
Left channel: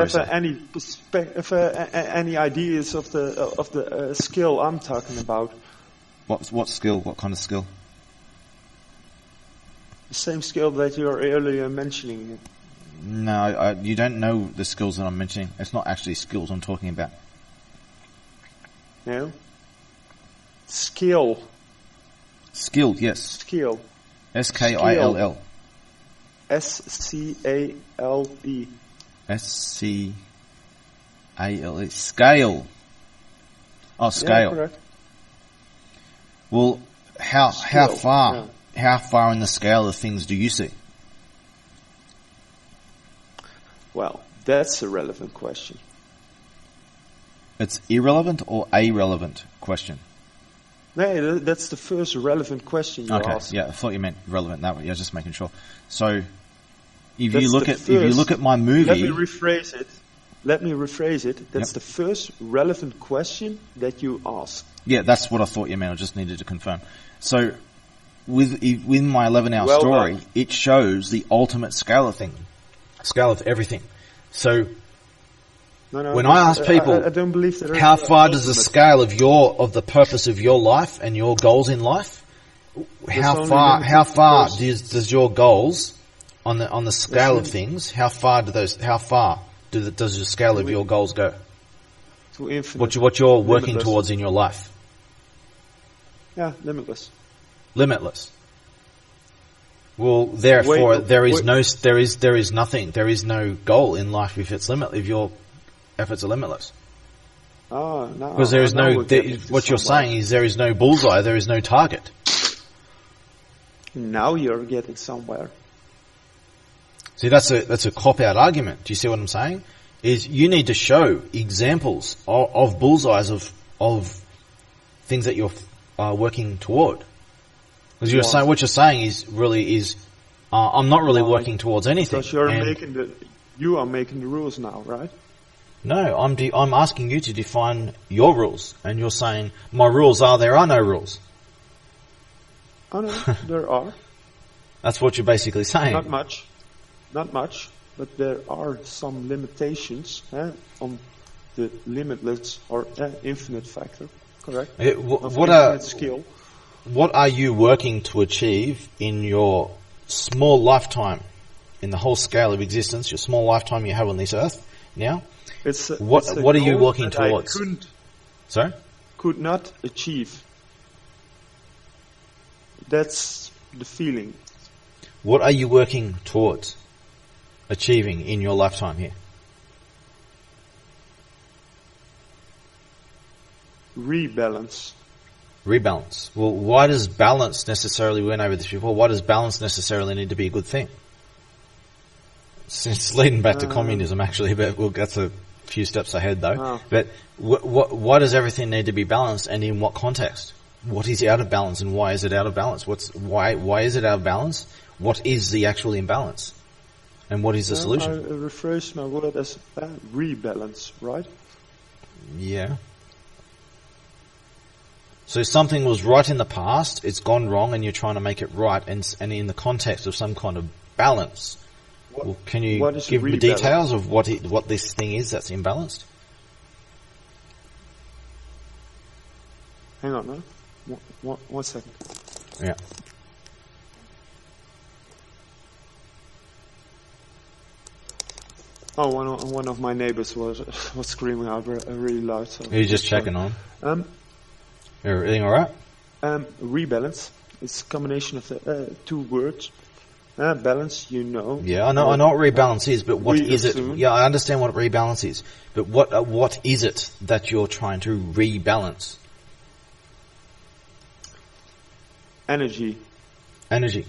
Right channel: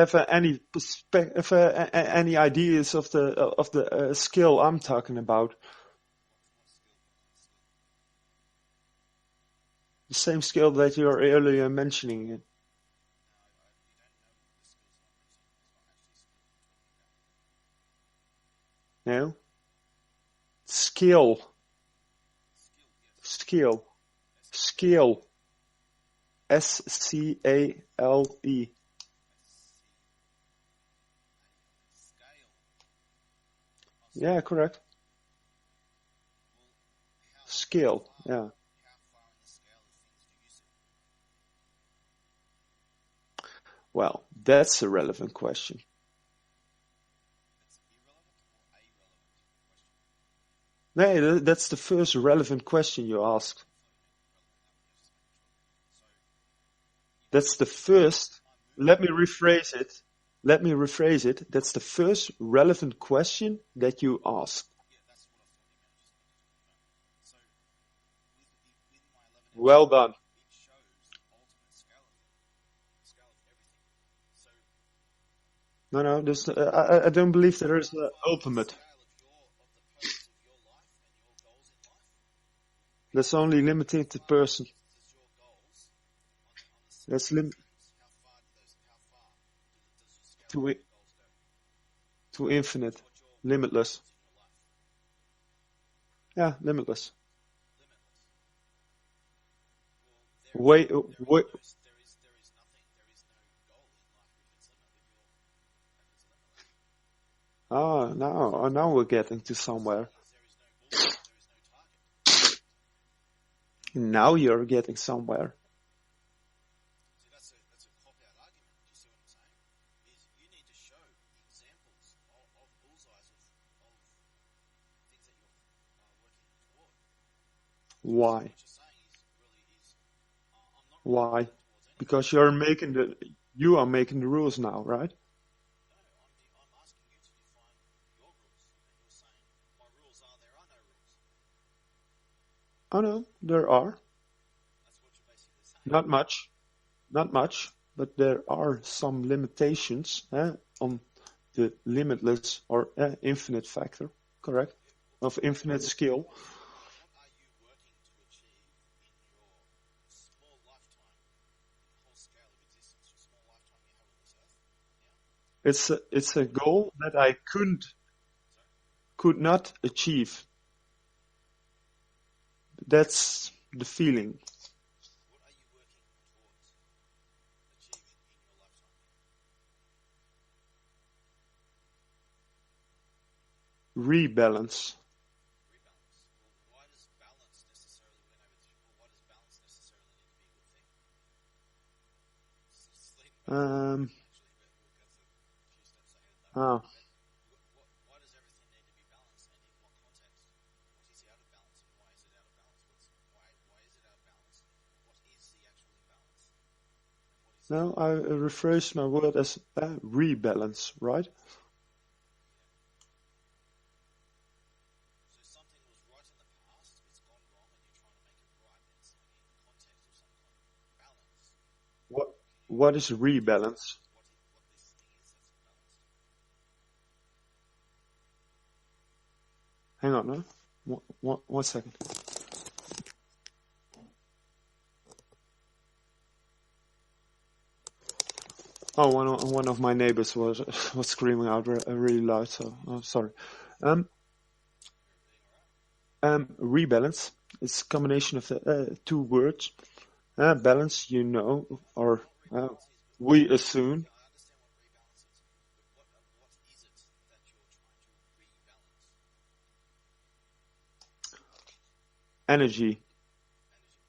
have any ideas of the skill I'm talking about. What skill? What kind of skill? The same skill that you were earlier mentioning. No, you don't know the skills that I'm mentioning. It's not actually skills I'm talking about. No? Skill. Skill, yes. Skill. S-K-I-L-L. S-C-A-L-E. S-C-A-L-E. Scale. Oh, scale. Yeah, correct. Well, how far? Yeah. How far in the scale of things do you see? Well, that's a relevant question. It's irrelevant or a relevant question? No, that's the first relevant question you asked. Yeah, I thought you meant relevant that way. Yeah, just making sure. So, if you look at my movie, let me rephrase it. That's the first relevant question that you ask. Yeah, that's what I thought you meant. I just needed to confirm. So, with my 11-hour story, it shows the ultimate scale of everything. So, when I ask people, I don't believe that. How far does the scale of the purpose of your life and your goals in life? How far does your goals on the scale of things? How far does the scale of your goals go? To infinite. What you're working towards in your life? Yeah, limitless. Limitless. Well, therefore, there is nothing. There is no goal in life if it's limitless. If your efforts are limitless. Oh, no. Because there is what you're saying is there is no bullseye, there is no target. Now you're getting somewhere. See, that's a cop-out argument. Do you see what I'm saying? Is you need to show examples of bullseyes of things that you're working toward. Because what you're saying is I'm not really working towards anything. Because you are making the rules now, right? No, I'm asking you to define your rules, and you're saying my rules are there are no rules. Oh no, there are. That's what you're basically saying. Not much, but there are some limitations on the limitless or infinite factor. Correct. Infinite skill. What are you working to achieve in your small lifetime, in the whole scale of existence, your small lifetime you have on this earth now? What are you working towards? Could not achieve. That's the feeling. What are you working towards achieving in your lifetime here? Rebalance. Rebalance. Well, why does balance necessarily, we went over this before, why does balance necessarily need to be a good thing? It's leading back to communism, actually, but that's a few steps ahead, though. Oh. But why does everything need to be balanced, and in what context? What is out of balance, and why is it out of balance? Why is it out of balance? What is the actual imbalance? And what is the solution? I rephrase my word as rebalance, right? Yeah. So something was right in the past, it's gone wrong, and you're trying to make it right, and in the context of some kind of balance. Well, can you give me details of what this thing is that's imbalanced? Hang on, no? One second. Yeah. Oh, one of my neighbors was screaming out really loud. So You're just checking on. Everything all right? Rebalance. It's a combination of the two words. Balance, you know. Yeah, I know what rebalance is, but what is it? Yeah, I understand what rebalance is, but what is it that you're trying to rebalance? Energy. Energy.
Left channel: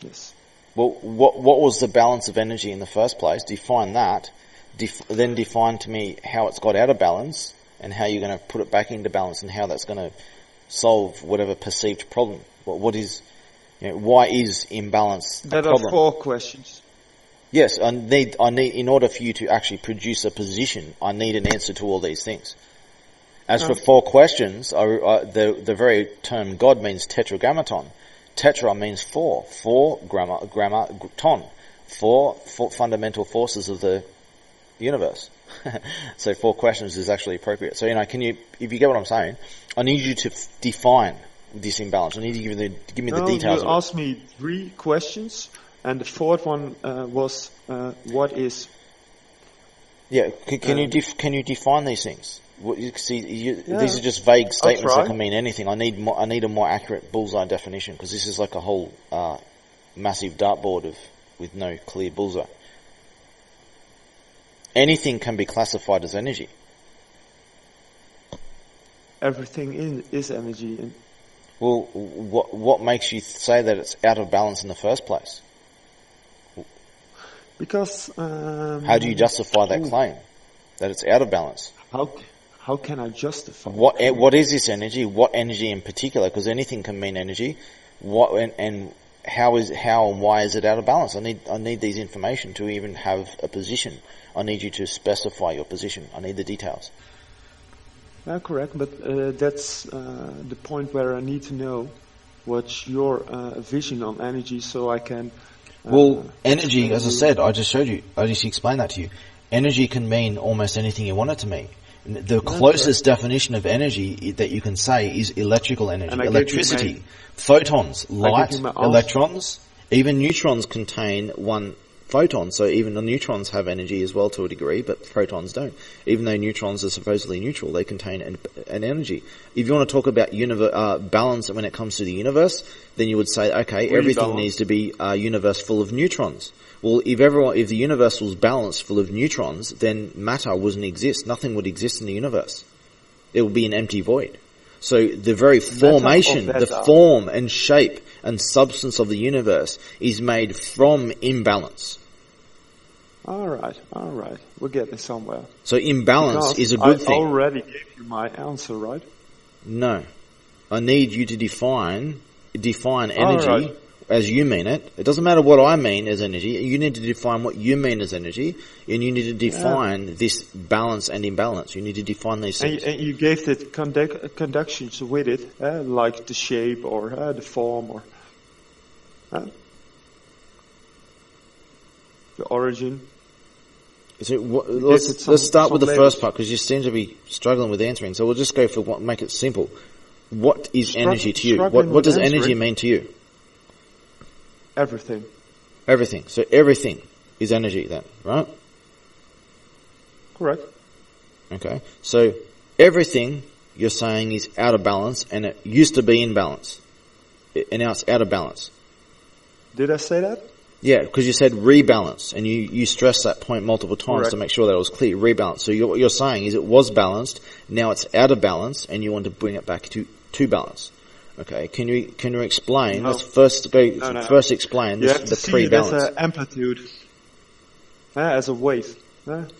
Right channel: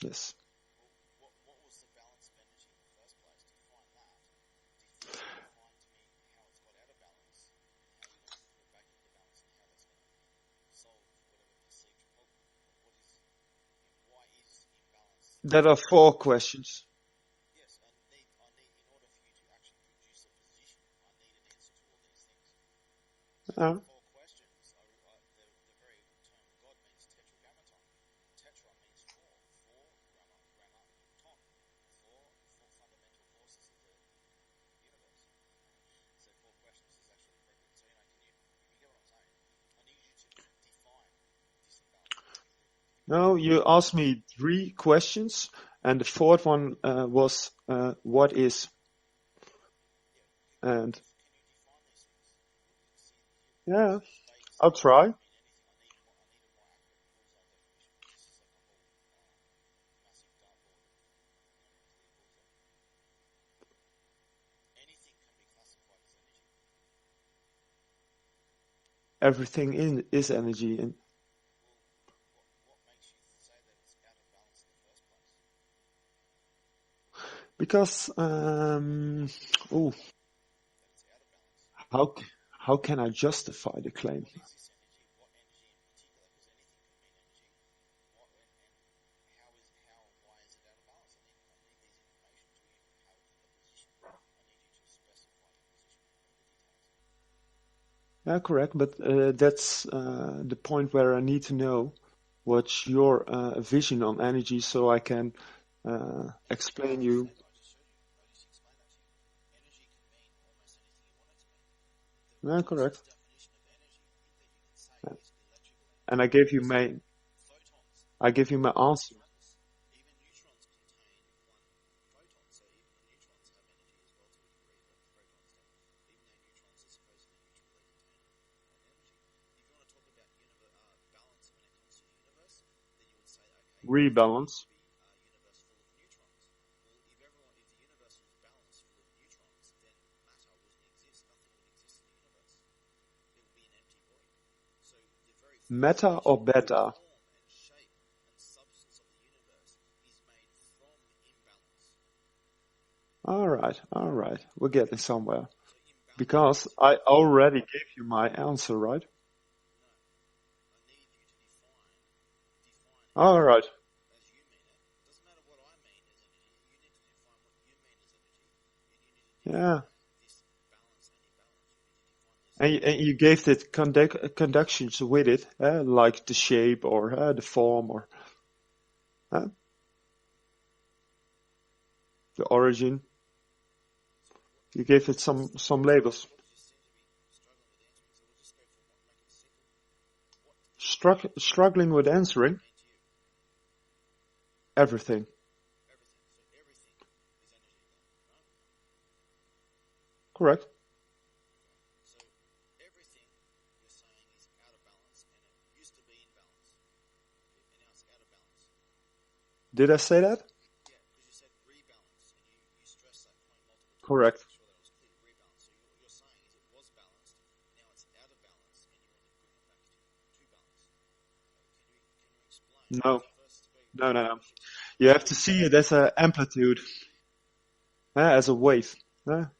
Yes. Well, what was the balance of energy in the first place? Define that. Then define to me how it's got out of balance and how you're going to put it back into balance and how that's going to solve whatever perceived problem. What is, why is imbalance? There are 4 questions. Yes, I need in order for you to actually produce a position, I need an answer to all these things. As for 4 questions, the very term God means tetragrammaton. Tetra means 4. 4 ton. 4 fundamental forces of the universe. So 4 questions is actually appropriate. So if you get what I'm saying, I need you to define this imbalance. I need you to give me the details. No, you asked me 3 questions, and the 4th one was what is. Yeah, can you define these things? These are just vague statements that can mean anything. I need a more accurate bullseye definition, because this is like a whole massive dartboard with no clear bullseye. Anything can be classified as energy. Everything is energy. Well, what makes you say that it's out of balance in the first place? Because how do you justify that claim that it's out of balance? How can I justify? What is this energy? What energy in particular? Because anything can mean energy. How and why is it out of balance? I need these information to even have a position. I need you to specify your position. I need the details. Yeah, correct. But that's the point where I need to know what's your vision on energy, so I can. Energy, as I said, I just showed you. I just explained that to you. Energy can mean almost anything you want it to mean. The closest definition of energy that you can say is electrical energy, electricity, photons, light, electrons, even neutrons contain one photon. So even the neutrons have energy as well to a degree, but protons don't. Even though neutrons are supposedly neutral, they contain an energy. If you want to talk about balance when it comes to the universe, then you would say, okay, everything needs to be a universe full of neutrons. Well, if the universe was balanced full of neutrons, then matter wouldn't exist. Nothing would exist in the universe. It would be an empty void. So the very formation, the form and shape and substance of the universe is made from imbalance. All right. We're getting somewhere. So imbalance is a good thing. I already gave you my answer, right? No. I need you to define energy as you mean it. It doesn't matter what I mean as energy. You need to define what you mean as energy, and you need to define this balance and imbalance. You need to define these things. And you gave the conductions with it, like the shape or the form or the origin. So let's start with the first part, because you seem to be struggling with answering. So we'll just go for make it simple. What is energy to you? What does energy mean to you? Everything. Everything. So everything is energy then, right? Correct. Okay. So everything you're saying is out of balance, and it used to be in balance. now it's out of balance. Did I say that? Yeah, because you said rebalance, and you stressed that point multiple times Correct. to make sure that it was clear. Rebalance. So what you're saying is it was balanced, now it's out of balance, and you want to bring it back to balance. Okay, can you explain? No. Let's first go. No. First explain. You have to the see it as pre-balance. an amplitude, as a wave.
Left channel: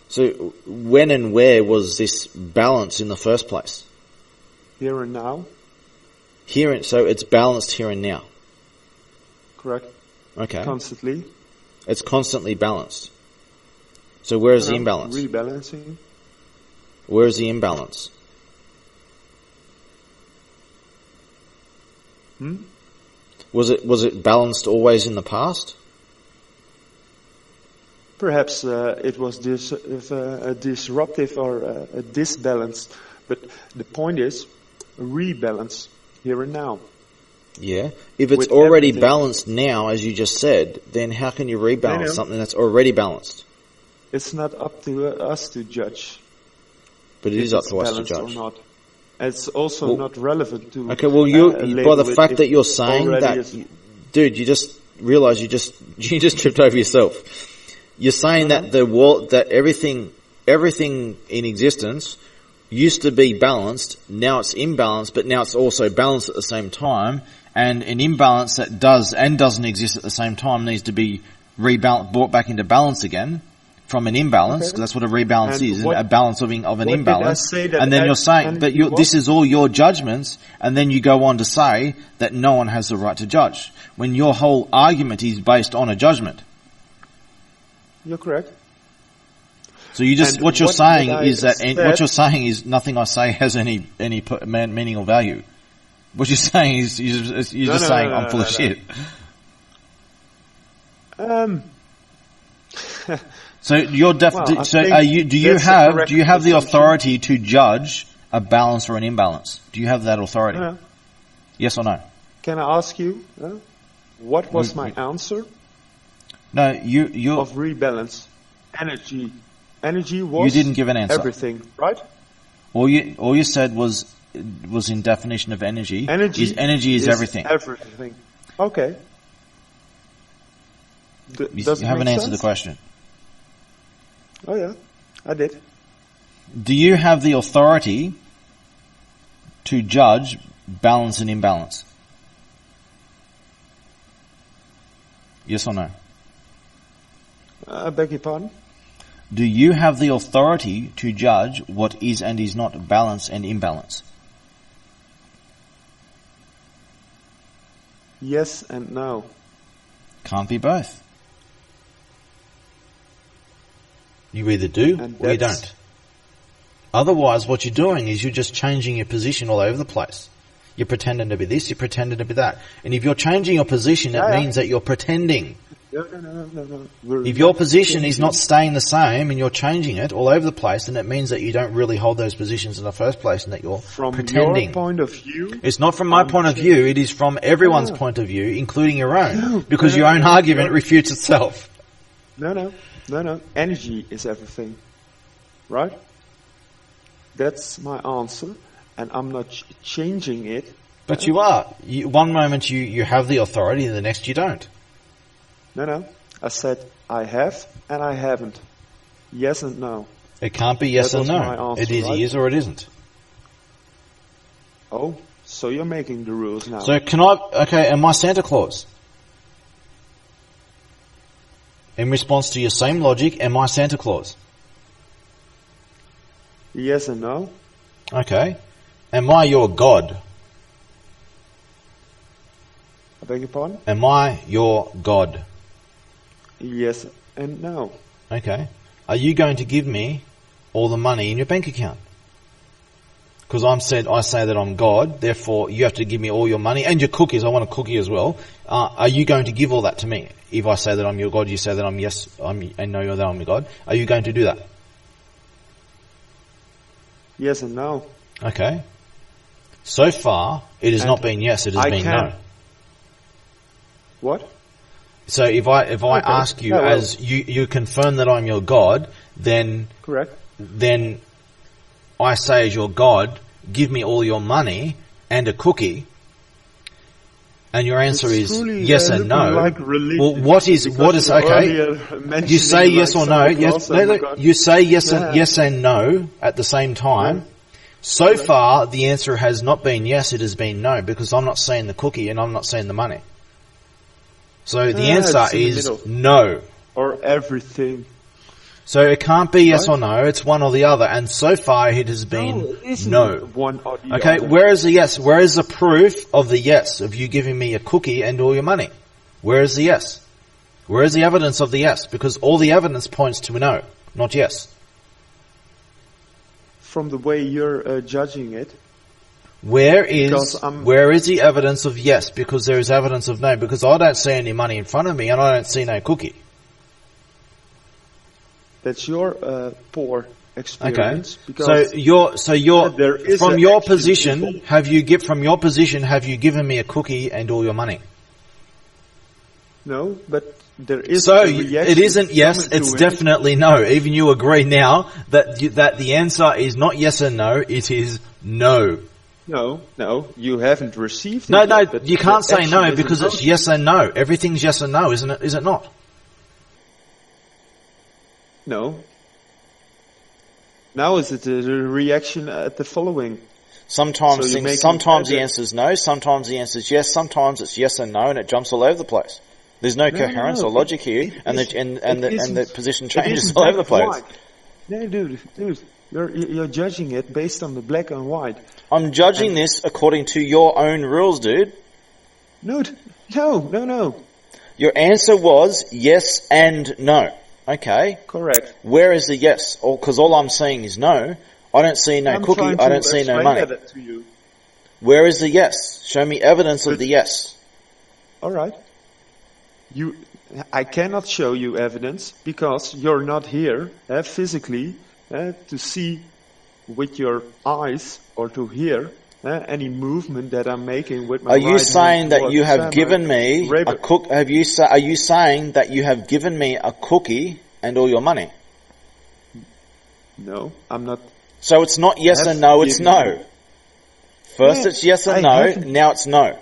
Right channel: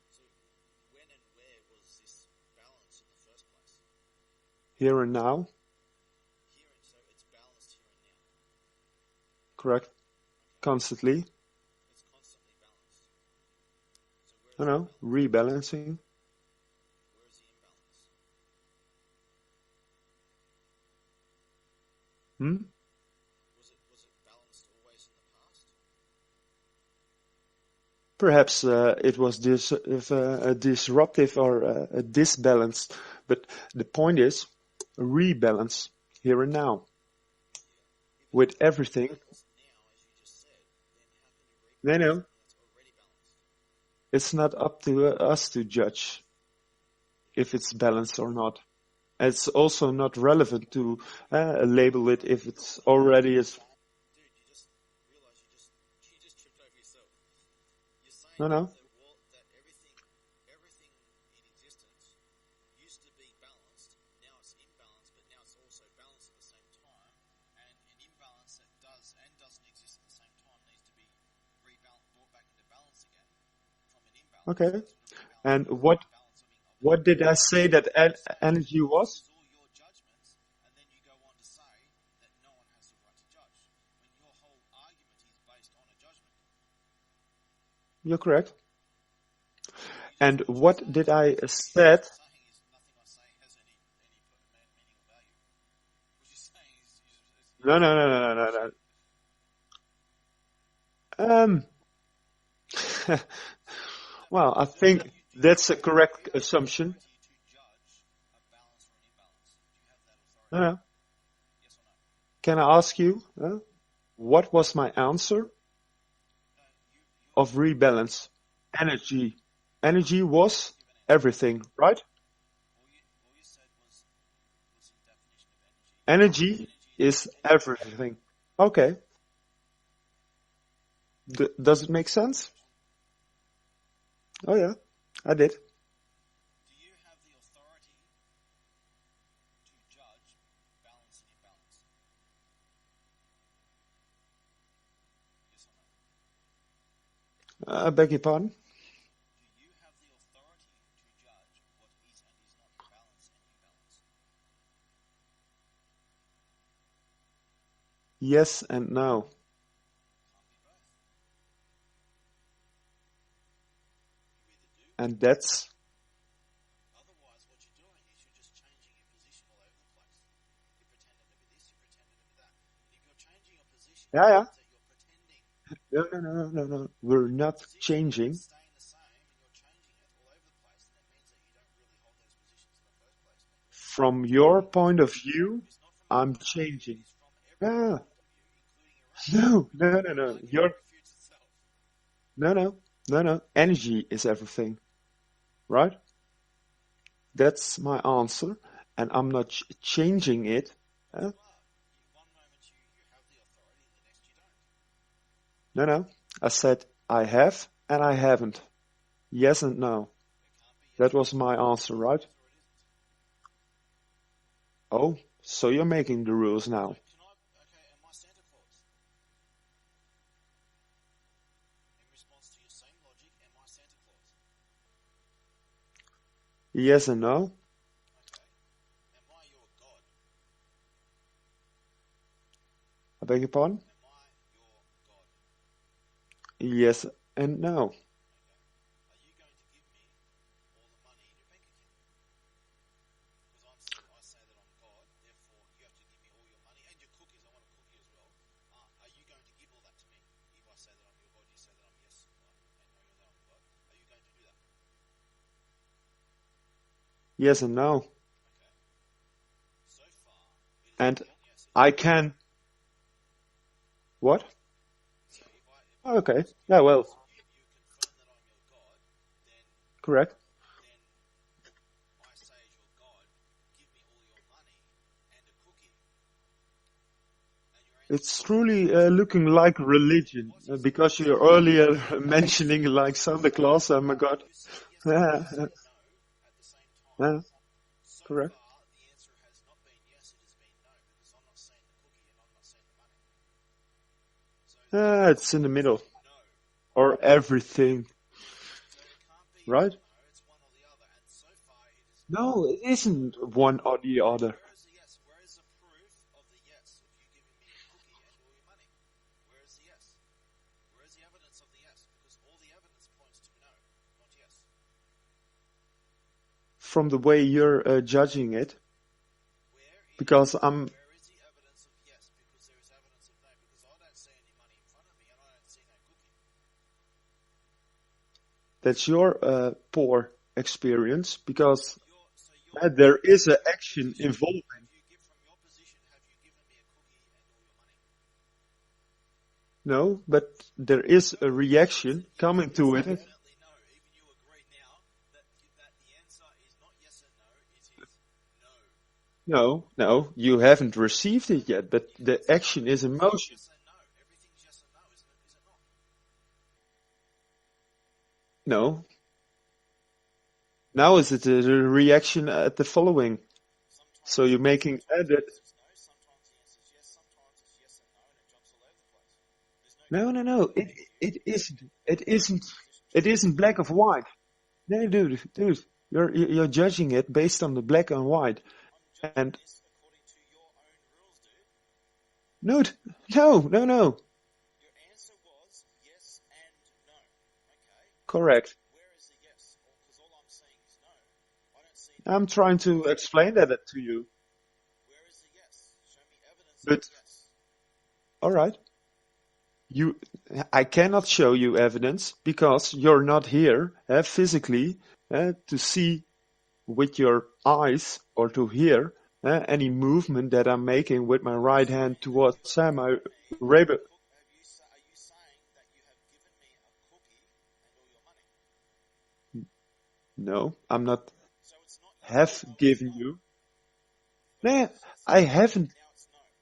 So when and where was this balance in the first place? Here and now, So it's balanced here and now. correct? Okay. Constantly. It's constantly balanced. So where is the No, imbalance? Rebalancing. Where is the imbalance? Was it balanced always in the past? Perhaps it was disruptive or disbalanced, but the point is rebalance here and now. Yeah. If it's With already everything. balanced now, as you just said, then how can you rebalance No. something that's already balanced? It's not up to us to judge But it if is up it's to us to balanced or judge. not. It's also Well, not relevant to Okay, well, by label the it fact if that you're it's saying already that, is- dude, you just realize you just tripped over yourself. You're saying No. that the world, that everything in existence used to be balanced, now it's imbalanced, but now it's also balanced at the same time, and an imbalance that does and doesn't exist at the same time needs to be brought back into balance again from an imbalance. Okay. That's what a rebalance And is, what- a balance of an what did I imbalance. say that and then you're saying, energy but was? this is all your judgments, and then you go on to say that no one has the right to judge, when your whole argument is based on a judgment. You're correct. So you just And what you're what saying did I is that said- what you're saying is nothing I say has any meaning or value. What you're saying is you're just saying I'm full of shit. So you're Well, I so think are you, do you that's a have correct the assumption. authority to judge a balance or an imbalance? Do you have that authority? No. Yes or no? Can I ask you, what was my answer No, you of rebalance? Energy. Energy was didn't give an answer. everything, right? all you said was in definition of energy. Energy is everything. Everything. Okay. You Does it haven't make answered sense? the question. Oh yeah, I did. Do you have the authority to judge balance and imbalance? Yes or no? I beg your pardon? Do you have the authority to judge what is and is not balance and imbalance? Yes and no. Can't be both. You either do And or you that's- don't. Otherwise, what you're doing is you're just changing your position all over the place. You're pretending to be this, you're pretending to be that. And if you're changing your position, Yeah, it yeah. means that you're pretending. No. We're If your not position is changing. not staying the same and you're changing it all over the place, then it means that you don't really hold those positions in the first place and that you're From pretending. your point of view, It's not from my I'm point of view, changing. it is from everyone's No. point of view, including your own. No. Because No, your no, own no. argument You're- refutes itself. No. Energy is everything, right? That's my answer, and I'm not changing it. But you are. One moment you have the authority and the next you don't. No. I said I have and I haven't. Yes and no. It can't be yes That or was no. my answer, It either right? is or it isn't. Oh, so you're making the rules now. So am I Santa Claus? In response to your same logic, am I Santa Claus? Yes and no. Okay. Am I your God? I beg your pardon? Am I your God? Yes and no. Okay. Are you going to give me all the money in your bank account? Because I say that I'm God, therefore you have to give me all your money and your cookies. I want a cookie as well. Are you going to give all that to me? If I say that I'm your God, you say that I'm and know that I'm your God. Are you going to do that? Yes and no. Okay. So far, it has And not been yes, it has I been can- no. What? So if I Okay. ask you Yeah, well- as you confirm that I'm your God, then Correct. I say as your God, give me all your money and a cookie. and your answer It's is truly yes and looking no. like religion. Well, what is Because you okay? earlier mentioning You say like yes or no. Santa Claus, Yes, oh my God. you say yes Yeah. and yes and no at the same time. Yeah. So Correct. far, the answer has not been yes; it has been no, because I'm not seeing the cookie and I'm not seeing the money. So the It's answer in the is middle. no. Or everything. So it can't be yes Right? or no; it's one or the other. And so far, it has been No, it isn't no. one or the Okay, other. where is the yes? Where is the proof of the yes, of you giving me a cookie and all your money? Where is the yes? Where is the evidence of the yes? Because all the evidence points to no, not yes. From the way you're judging it. Where Because I'm- is the evidence of yes? Because there is evidence of no. Because I don't see any money in front of me and I don't see no cookie. That's your poor experience. Because So you're there is from an your action position. involved. Have you given me a cookie and all your money? no, but there is So a reaction. it isn't yes, coming to it's it. definitely no. Even you agree now that that the answer is not yes and no, it is no. No, you haven't received it No, yet, but you can't the say action no is because in it's motion. yes and no. Everything's yes and no, isn't it? Is it not? No. Now is it a reaction at the following? Sometimes, So you're making sometimes the either- answer is no, sometimes the answer is yes, sometimes it's yes and no, and it jumps all over the place. There's no coherence no. or logic here, It and isn't- the it isn't- position It changes isn't all black over the and place. white. No, dude, you're judging it based on the black and white. I'm judging this according to your own rules, dude. No. Your answer was yes and no. Okay, Correct. where is the yes? Because all I'm seeing is no. I don't see no I'm cookie. trying to I don't see no explain money. that to you. Where is the yes? Show me evidence of But- the yes. All right. I cannot show you evidence because you're not here physically to see with your eyes or to hear any movement that I'm making with my Are right you hand. saying that towards you have my given me a rabbit. cook? Are you saying that you have given me a cookie and all your money? No, I'm not. So it's not yes Have and no, it's given no. you- First Yeah, it's yes I and no, haven't- now it's no.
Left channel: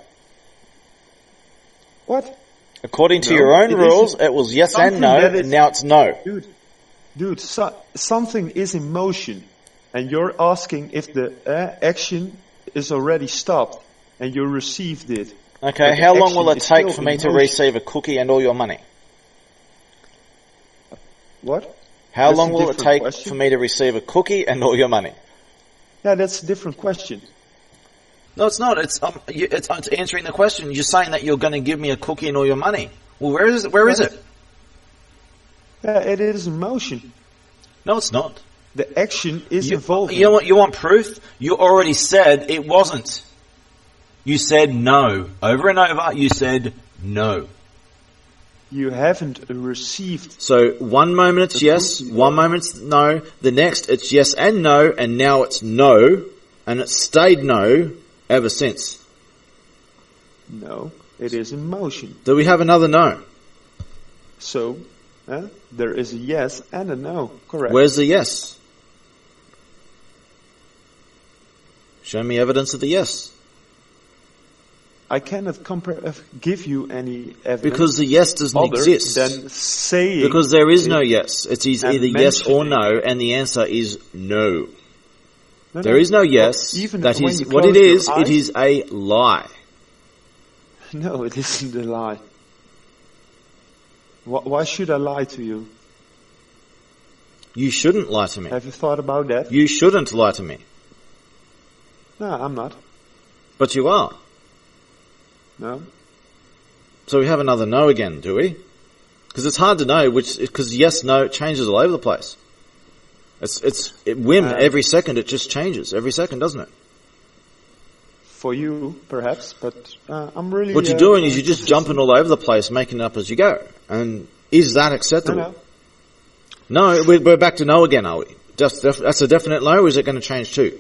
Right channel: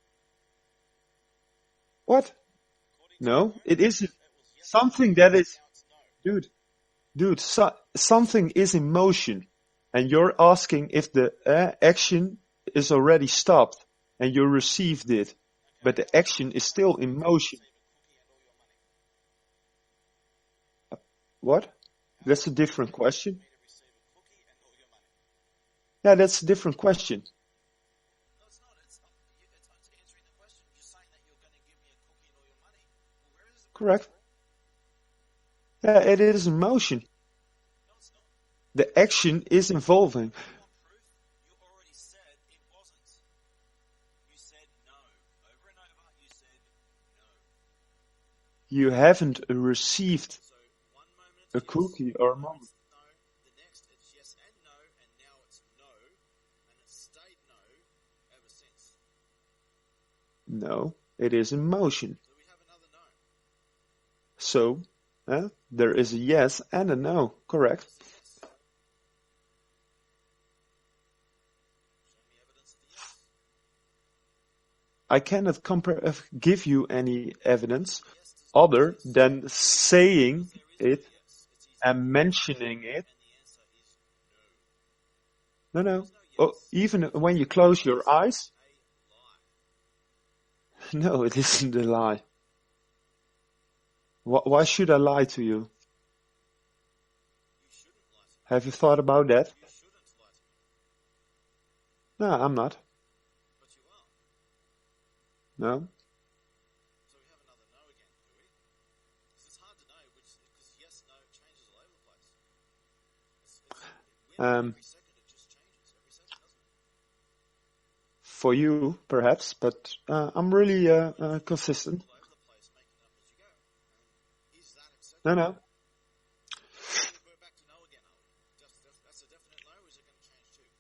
What? According to No, your own it rules, isn't. it was yes Something and no, that is- and now it's no. Dude, something is in motion, and you're asking if the action is already stopped, and you received it. Okay, But the how long action will it is take still for in me to motion. receive a cookie and all your money? What? How That's long a will it different take question. for me to receive a cookie and all your money? Yeah, that's a different question. No, it's not. It's answering the question. You're saying that you're going to give me a cookie and all your money. Well, where is it? Where is Right. it? Yeah, it is in motion. No, it's not. The action is involving. You know what? You want proof? You already said it wasn't. You said no. Over and over, you said no. You haven't received. So one moment it's The yes, cookie, one or- moment it's no, the next it's yes and no, and now it's no, and it's stayed no ever since. No, it is in motion. Do we have another no? So, there is a yes and a no. Correct. Where's the yes? Show me evidence of the yes. I cannot give you any evidence Because the yes doesn't other exist. than saying. Because there is it- no yes. It's and either yes or mentioning no, it. and the answer is no. No, There is no yes. Even That when is you what close it your is. eyes, It is a lie. No, it isn't a lie. Why should I lie to you? You shouldn't lie to me. Have you thought about that? You shouldn't lie to me. No, I'm not. But you are. No. So we have another no again, do we? Because it's hard to know because yes, no, it changes all over the place. It's whim every second. It just changes every second, doesn't it? For you, perhaps, but I'm really. What you're doing is you're just consistent. jumping all over the place, making it up as you go. And is that acceptable? No. No, we're back to no again, are we? That's a definite no, or is it going to change too?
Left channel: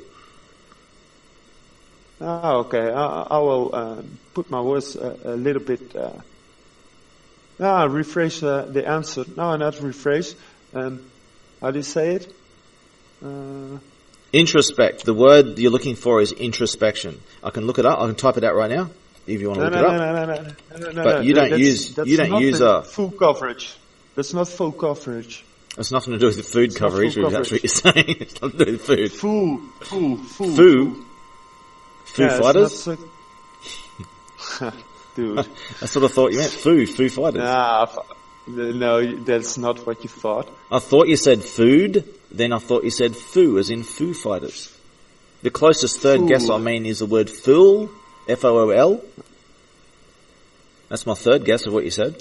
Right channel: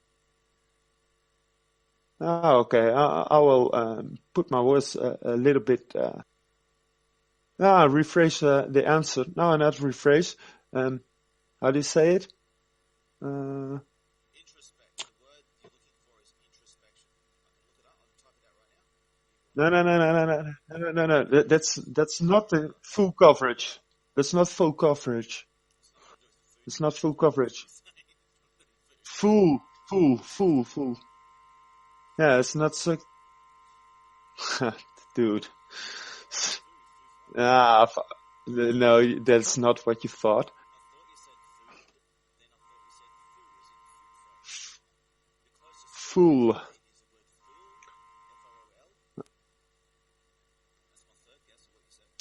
Oh, okay. I will put my words a little bit. Rephrase the answer. No, not rephrase. How do you say it? Introspect. The word you're looking for is introspection. I can look it up. I can type it out right now. if you want to No, look no, it no, up. no, no, no, no, no, But no. you don't That's, use- that's you don't not use, the full coverage. That's not full coverage. It's nothing to do with the food It's not coverage, full or that's what you're saying. It's nothing to do with food. Full. Foo? Foo Foo It's Fighters? not so... Dude. That's what I thought you meant. Foo Fighters. No, that's not what you thought. I thought you said food, then I thought you said foo, as in Foo Fighters. The closest third Fool. guess I mean is the word fool, F-O-O-L. That's my third guess of what you said.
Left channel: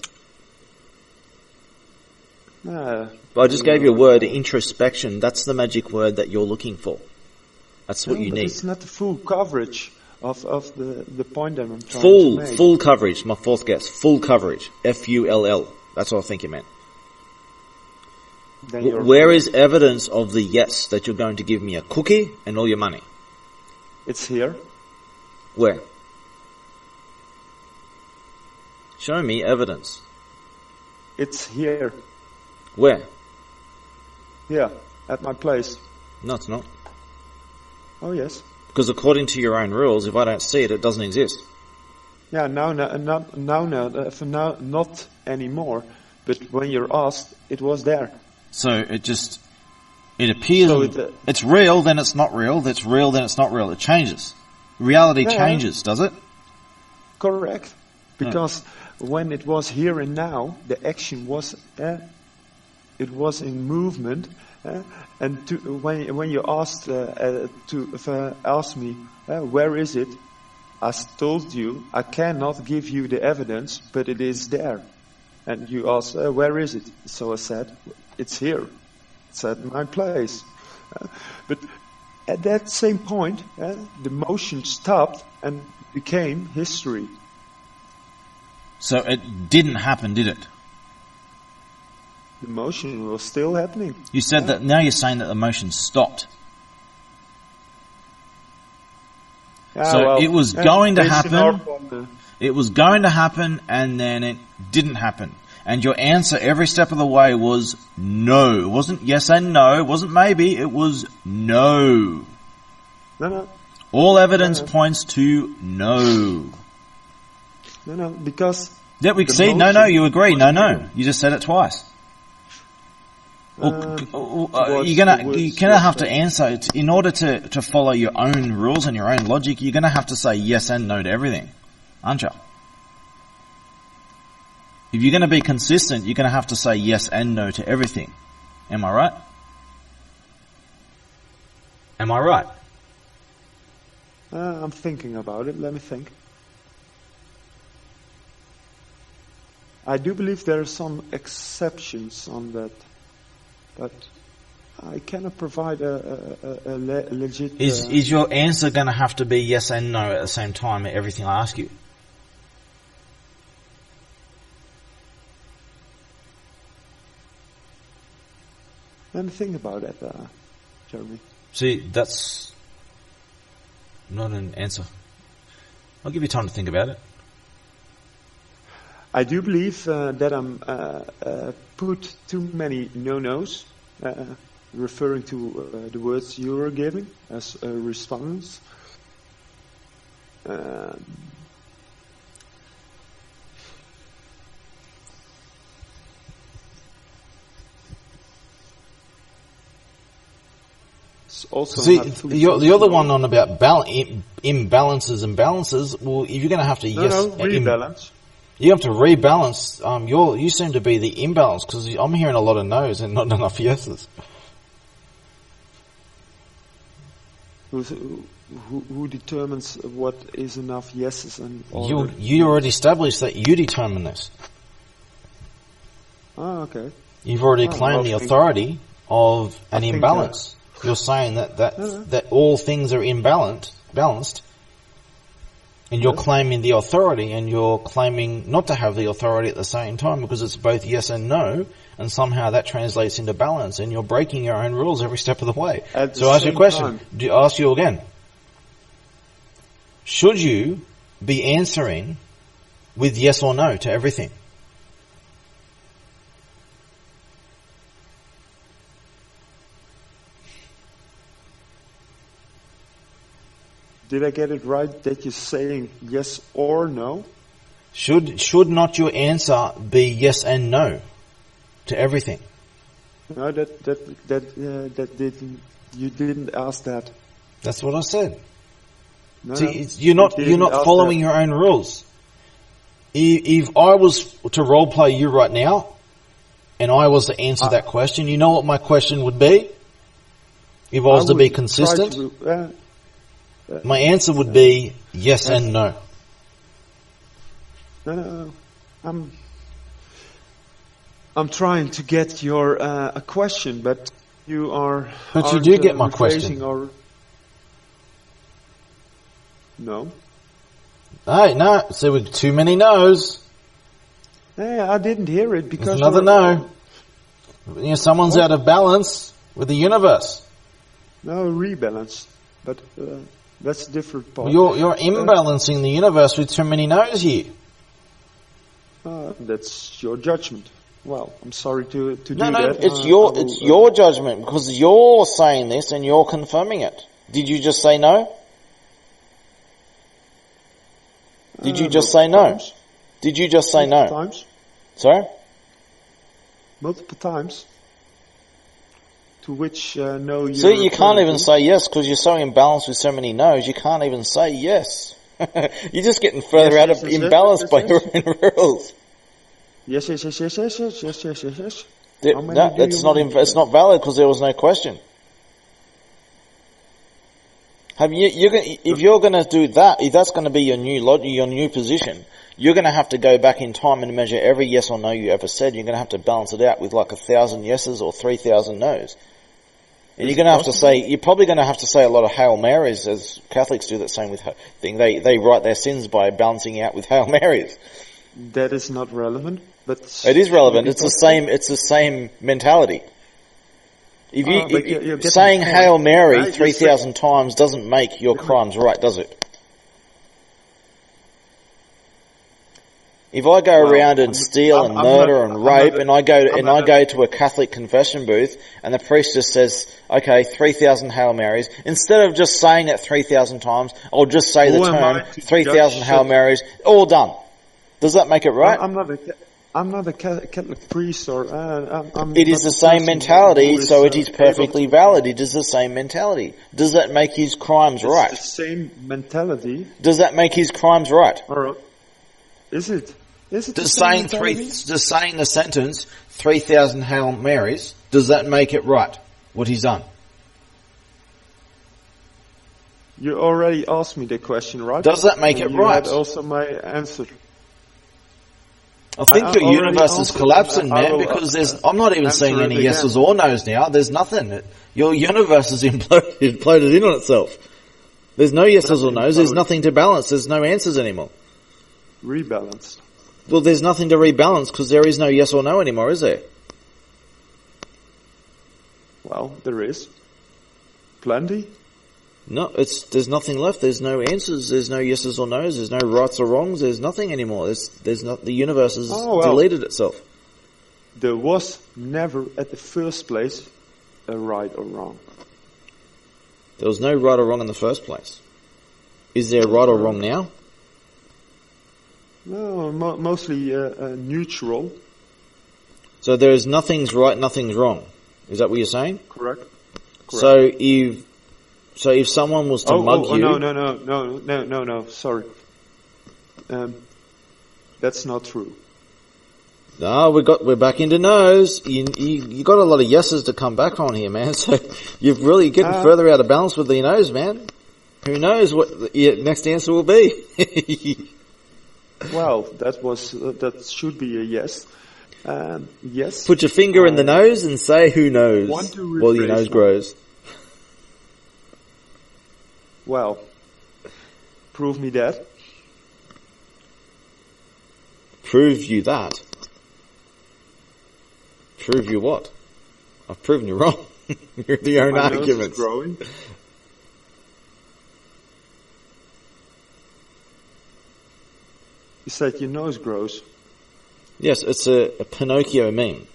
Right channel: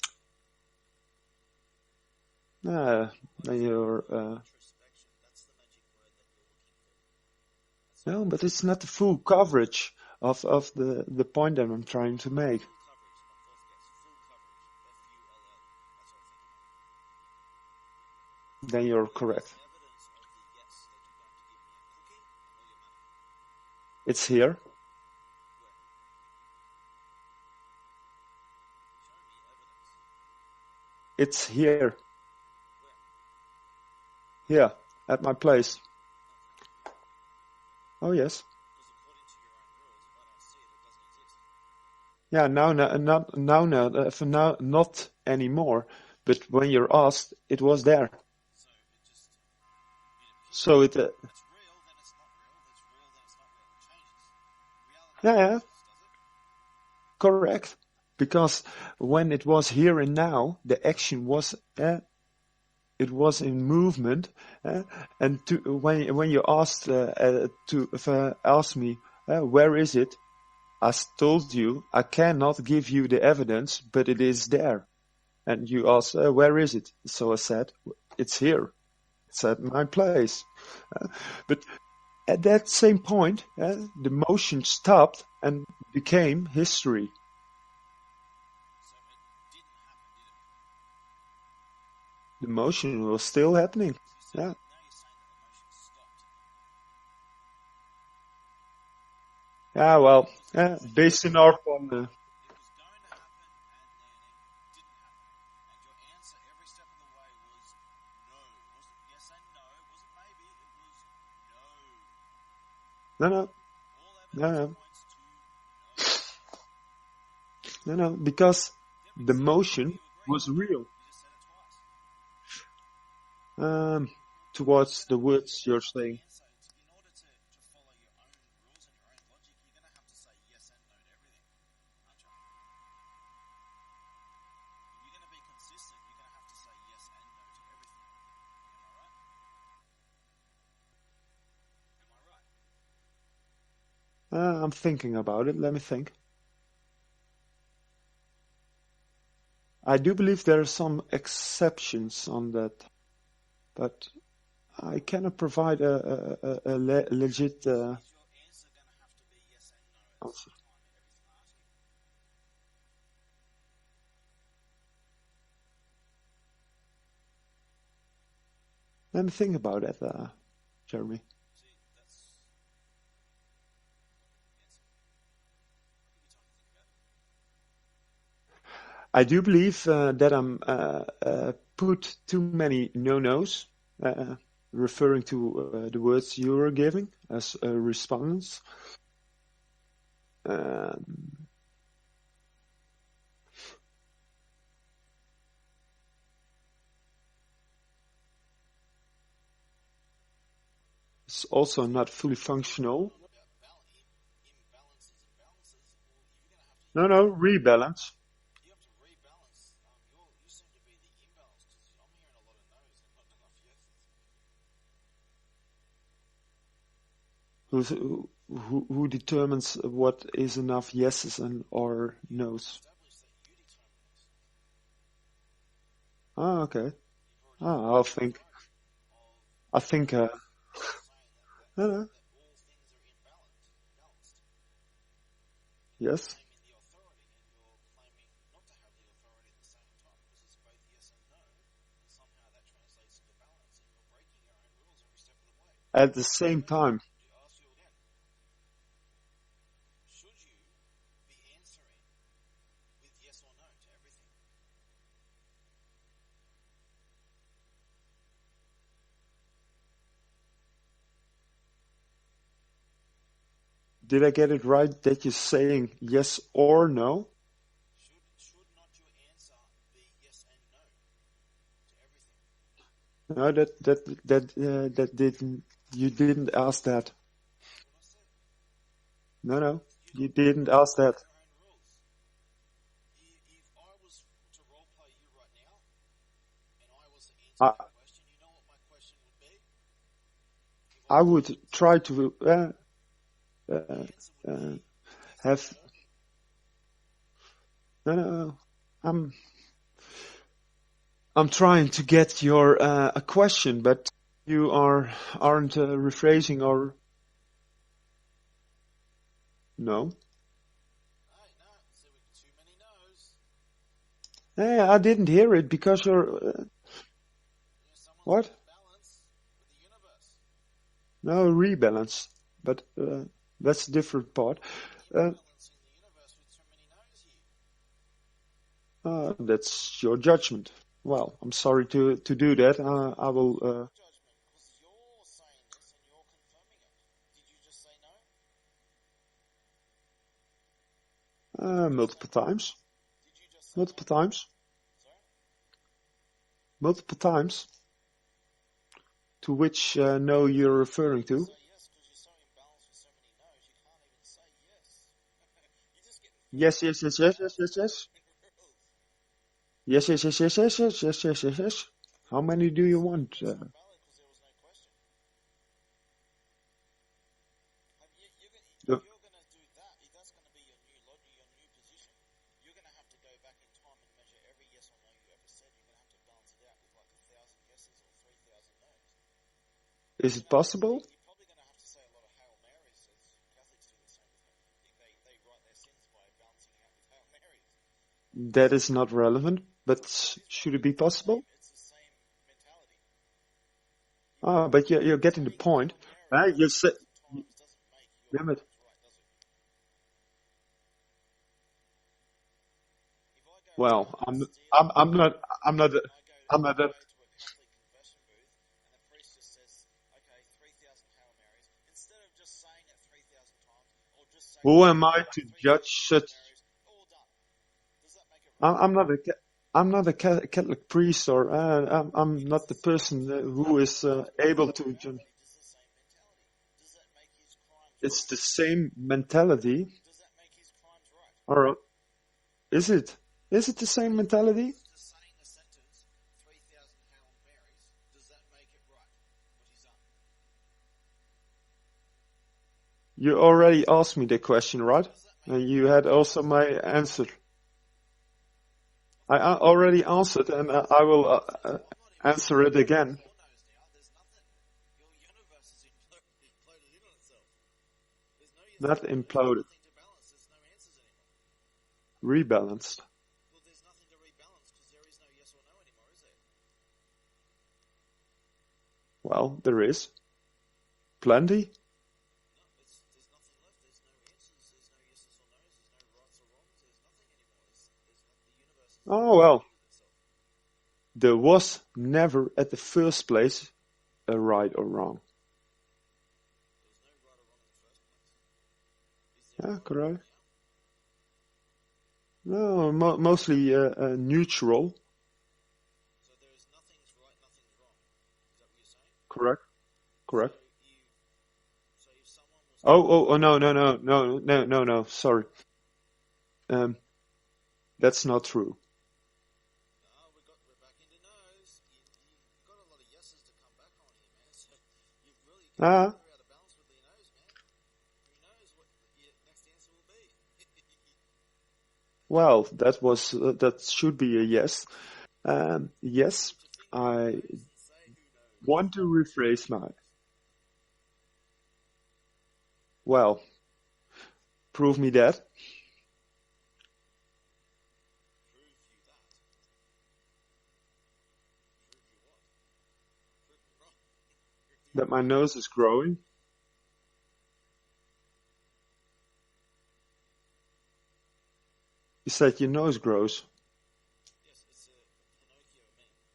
But I just gave you a word, introspection. That's the magic word that you're looking for. That's what No, you but need. it's not the full coverage of the point that I'm trying to make. Full coverage, my fourth guess. Full coverage. F-U-L-L. That's what I think you meant. Then you're Where correct. is evidence of the yes that you're going to give me a cookie and all your money? It's here. Where? Show me evidence. It's here. Where? Yeah, at my place. No, it's not. Oh yes. Because according to your own rules, if I don't see it, it doesn't exist. Yeah, for now, not anymore. But when you're asked, it was there. So it appears, So it's real, then it's not real, that's real, then it's not real. It changes. Reality Yeah. changes, does it? Correct. Because when it was here and now, the action was, it was in movement. And when you asked to ask me, where is it? I told you I cannot give you the evidence, but it is there. And you asked, where is it? So I said, it's here. It's at my place. But at that same point, the motion stopped and became history. So it didn't happen, did it? The motion was still happening. You said that, now you're saying that the motion stopped. Yeah, So well, it was going to based in happen. our- It was going to happen, and then it didn't happen. And your answer every step of the way was no. It wasn't yes and no. It wasn't maybe. It was no. No, All evidence No. points to no. because Yeah, we the see. No, motion you agree. was No, no. real. You just said it twice. towards You're the gonna words have to you're answer it. In order to follow your own rules and your own logic. You're gonna have to say yes and no to everything, aren't you? If you're gonna be consistent, you're gonna have to say yes and no to everything. Am I right? Am I right? I'm thinking about it. Let me think. I do believe there are some exceptions on that, but I cannot provide a legit. Is your answer gonna have to be yes and no at the same time at everything I ask you? Let me think about it, Jeremy. See, that's not an answer. I'll give you time to think about it. I do believe that I'm put too many no-nos, referring to the words you were giving as a response. It's also See, not fully the other functional. one on about imbalances and balances. Well, if you're going to have to No, rebalance. you have to rebalance. You seem to be the imbalance because I'm hearing a lot of no's and not enough yeses. Who determines what is enough yeses and or You already established that you determine this. Oh, okay. You've already Oh, claimed well, the I think- authority of an I think, imbalance. You're saying that No. that all things are balanced, and you're Yes. claiming the authority, and you're claiming not to have the authority at the same time because it's both yes and no, and somehow that translates into balance, and you're breaking your own rules every step of the way. At the So I ask you a same question. time. Ask you again. Should you be answering with yes or no to everything? Did I get it right that you're saying yes or no? Should not your answer be yes and no to everything? No, that didn't. You didn't ask that. That's what I said. No, See, no. you're not didn't ask following that. your own rules. If I was to role play you right now, and I was to answer that question, you know what my question would be? If I was to be would consistent, try to, my answer would be yes and no. No. I'm trying to get your a question, but you are. But you do get my question. Or no. Hey, no. See, with too many no's. Hey, I didn't hear it because Another you're- no. You know, someone's What? out of balance with the universe. No, rebalance, but that's a different part. You're imbalancing the universe with too many no's here. That's your judgment. Well, I'm sorry to do No, that. it's I your will, it's your judgment because you're saying this and you're confirming it. Did you just say no? Did you just say multiple no? times. Did you just say no? Multiple times. Sorry? Multiple times. To which no you. See, you can't even say yes because you're so imbalanced with so many no's. You can't even say yes. You're just getting further out of imbalance by your own rules. Yes. How many No, do it's you not. want? It's not valid because there was no question. Have you? If you're going to do that, if that's going to be your new position, you're going to have to go back in time and measure every yes or no you ever said. You're going to have to balance it out with like 1,000 yeses or 3,000 nos. And you're going to have to say. You're probably going to have to say a lot of Hail Marys, as Catholics do that same with thing. They write their sins by balancing out with Hail Marys. That is not relevant, but It is relevant. be It's the possible? same. It's the same mentality. If but you're getting saying the point. Hail Mary Right, you're 3,000 times doesn't make your crimes right, does it? If I go Well, around and steal and murder and rape, and I go to a Catholic confession booth, and the priest just says, "Okay, 3,000 Hail Marys," instead of just saying it 3,000 times, I'll just say Who the am I term to 3,000 judge Hail such- Marys, all done. Does that make it right? I'm not a Catholic priest, or I'm. It is not the the same person mentality, who is, so it is able perfectly to- valid. It is the same mentality. Does that make his crimes It's right? the same mentality, Does that make his crimes right? or is it? Is it the Just same mentality? saying the sentence 3,000 Hail Marys, does that make it right? What he's done? You already asked me the question, right? Does that make And it you right? had also my answer. I think I the already universe is answered, collapsing, and I man, will, because I'm not even answer seeing it any again. yeses or nos now. There's nothing. Your universe is imploded in on itself. There's no yeses or nos. There's imploded. nothing to balance. There's no answers anymore. Rebalanced. Well, there's nothing to rebalance because there is no yes or no anymore, is there? Well, there is plenty. No, there's nothing left. There's no answers. There's no yeses or nos. There's no rights or wrongs. There's nothing anymore. There's not. The universe has deleted itself. There was never, at the first place, a right or wrong. There was no right or wrong in the first place. Is there a right or wrong now? No, mostly neutral. So there is nothing's right, nothing's wrong. Is that what you're saying? Correct. So if someone was to mug you, no. Sorry. That's not true. no, we're back into no's. You got a lot of yeses to come back on here, man. So you've really getting further out of balance with the no's, man. Who knows what your next answer will be? Well, that should be a yes. Yes. Put your finger in the nose and say, "Who knows?" Want to while your rephrase nose now. grows. Well, prove me that. Prove you that. Prove you what? I've proven you wrong. You're the own My nose is arguments. growing. You said your nose grows. Yes, it's a Pinocchio meme.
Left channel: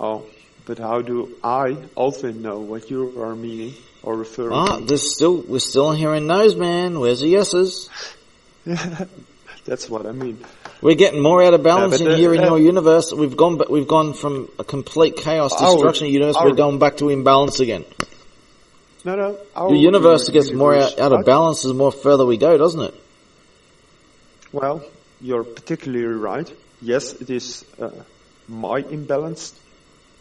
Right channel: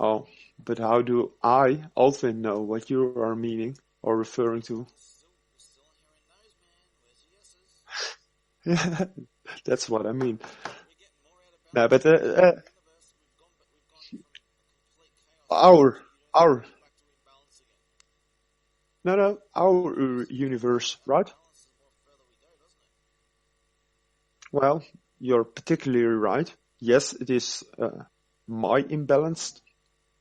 Oh, but how do I, Alvin, know what you are meaning? or referring Ah, we're still hearing no's, man. Where's the yeses? to? That's what I mean. We're getting more out of balance but, here in your universe. We've gone from a complete chaos destruction of the universe. We're going back to imbalance again. No. The universe gets more universe, out of balance the more further we go, doesn't it? Well, you're particularly right. Yes, it is my imbalanced.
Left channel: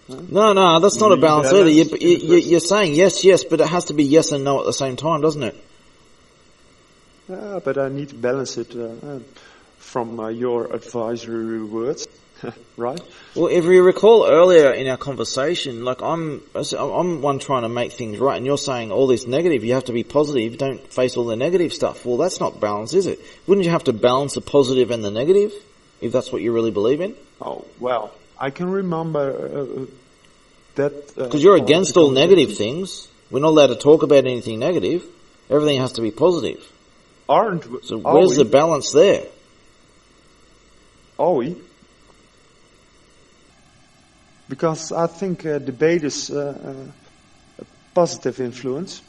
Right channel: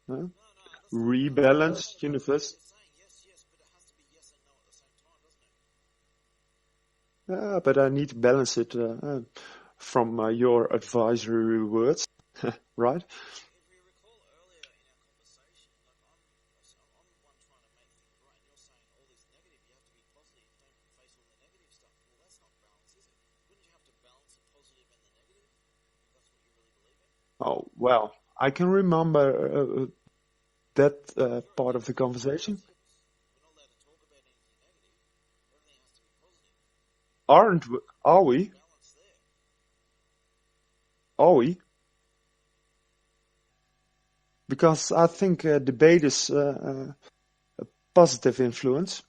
No, that's not a balance either. Rebalanced You're saying yes, but it has to be yes and no at the same time, doesn't it? But I need to balance it from your advisory words, right? Well, if you recall earlier in our conversation, like I'm one trying to make things right, and you're saying all this negative, you have to be positive, don't face all the negative stuff. Well, that's not balance, is it? Wouldn't you have to balance the positive and the negative, if that's what you really believe in? Oh, well, I can remember that... Because you're against all negative things. We're not allowed to talk about anything negative. Everything has to be positive. So where's the balance there? Are we? Because I think debate is a positive influence.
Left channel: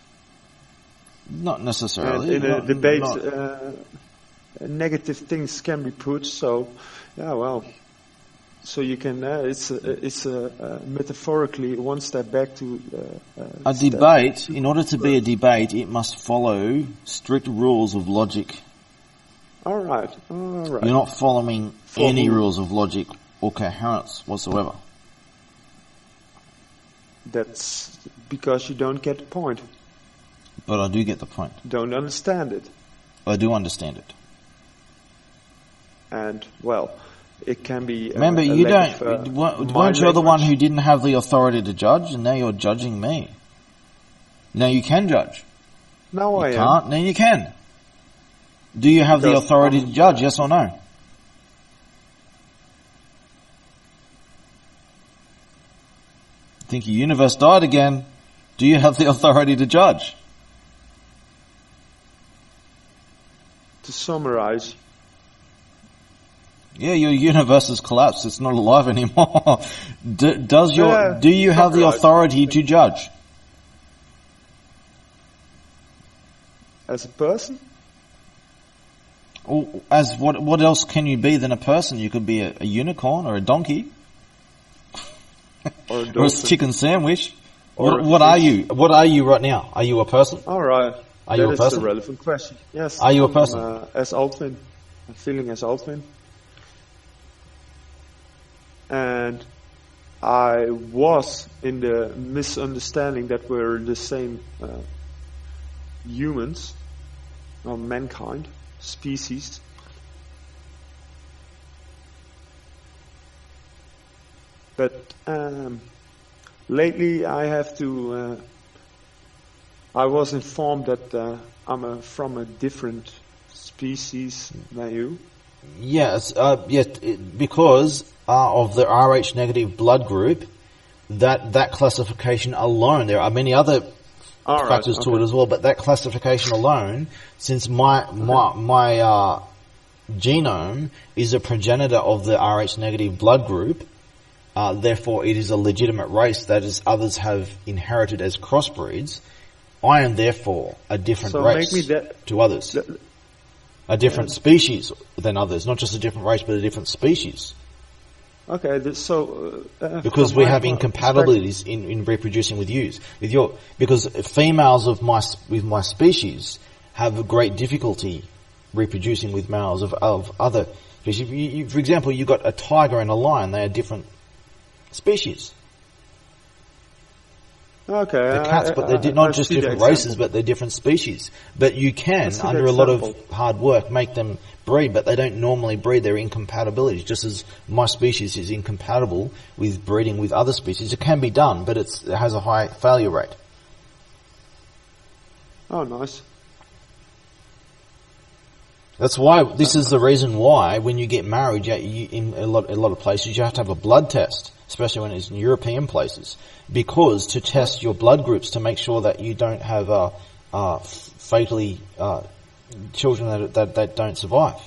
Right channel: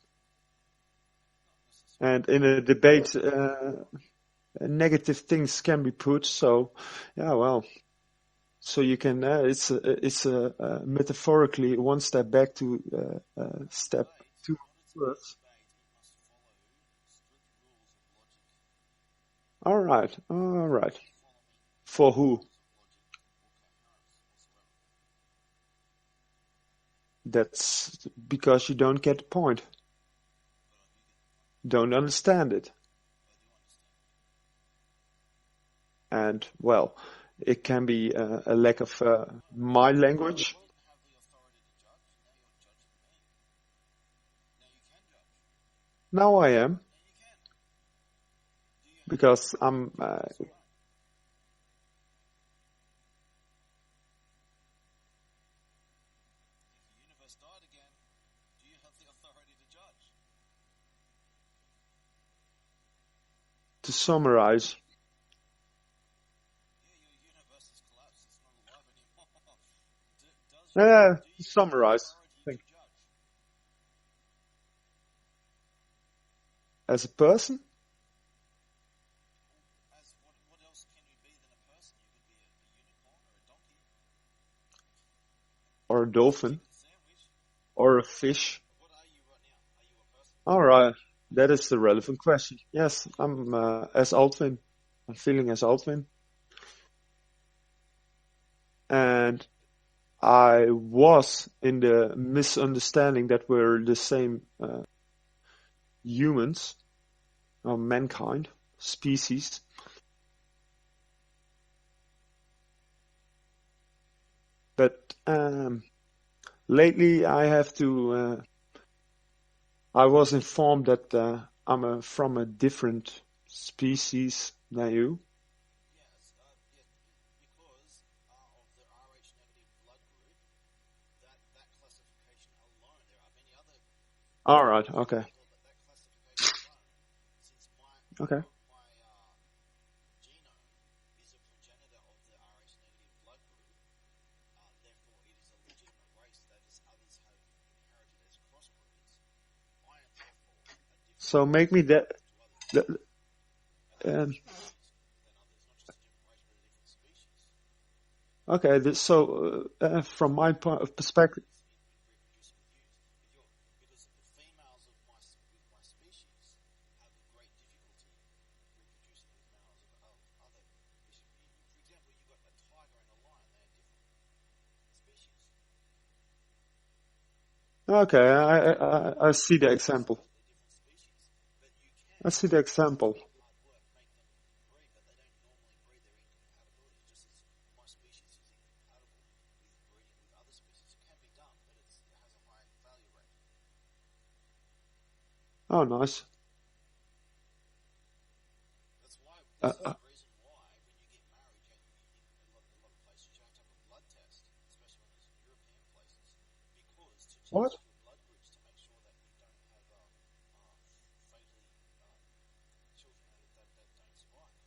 Not necessarily. And in a debate, negative things can be put. So, yeah, well, so you can. It's metaphorically one step back to a debate. In order to be a debate, it must follow strict rules of logic. All right. You're not following any rules of logic or coherence whatsoever. That's because you don't get the point. But I do get the point. Don't understand it. I do understand it. And, well, it can be Remember, a you lack don't. of Weren't you the one who didn't have the authority to judge, and now you're judging me? Now you can judge. Now I am. Can't. Now you can. Do you have the authority to judge? Yes or no? I think your universe died again. Do you have the authority to judge? To summarize. Yeah, your universe has collapsed. It's not alive anymore. Do you have the authority to judge? As a person? As what else can you be than a person? You could be a unicorn or a donkey. Or a dolphin. Or a chicken sandwich. Or what are you? What are you right now? Are you a person? All right. That is person? the relevant question. Yes. Are you a person? As Altwin. I'm feeling as Altwin. And I was in the misunderstanding that we're the same humans, or mankind, species. But lately I have to... I was informed that I'm from a different species than you. Yes, because of the Rh negative blood group, that classification alone, there are many other factors to it as well, but that classification alone, since my genome is a progenitor of the Rh negative blood group, therefore it is a legitimate race that is others have inherited as crossbreeds. I am therefore a different race to others. A different species than others, not just a different race, but a different species. Okay, so because we have incompatibilities in reproducing with yous, because females of my species have a great difficulty reproducing with males of other species. For example, you've got a tiger and a lion; they are different species. Okay, cats, but they're not just different races, but they're different species. But you can, under a lot of hard work, make them breed, but they don't normally breed. They're incompatibilities, just as my species is incompatible with breeding with other species. It can be done, but it has a high failure rate. Oh, nice. That's why, this is the reason why, when you get married, in a lot of places, you have to have a blood test, especially when it's in European places. Because to test your blood groups to make sure that you don't have fatally children that don't survive,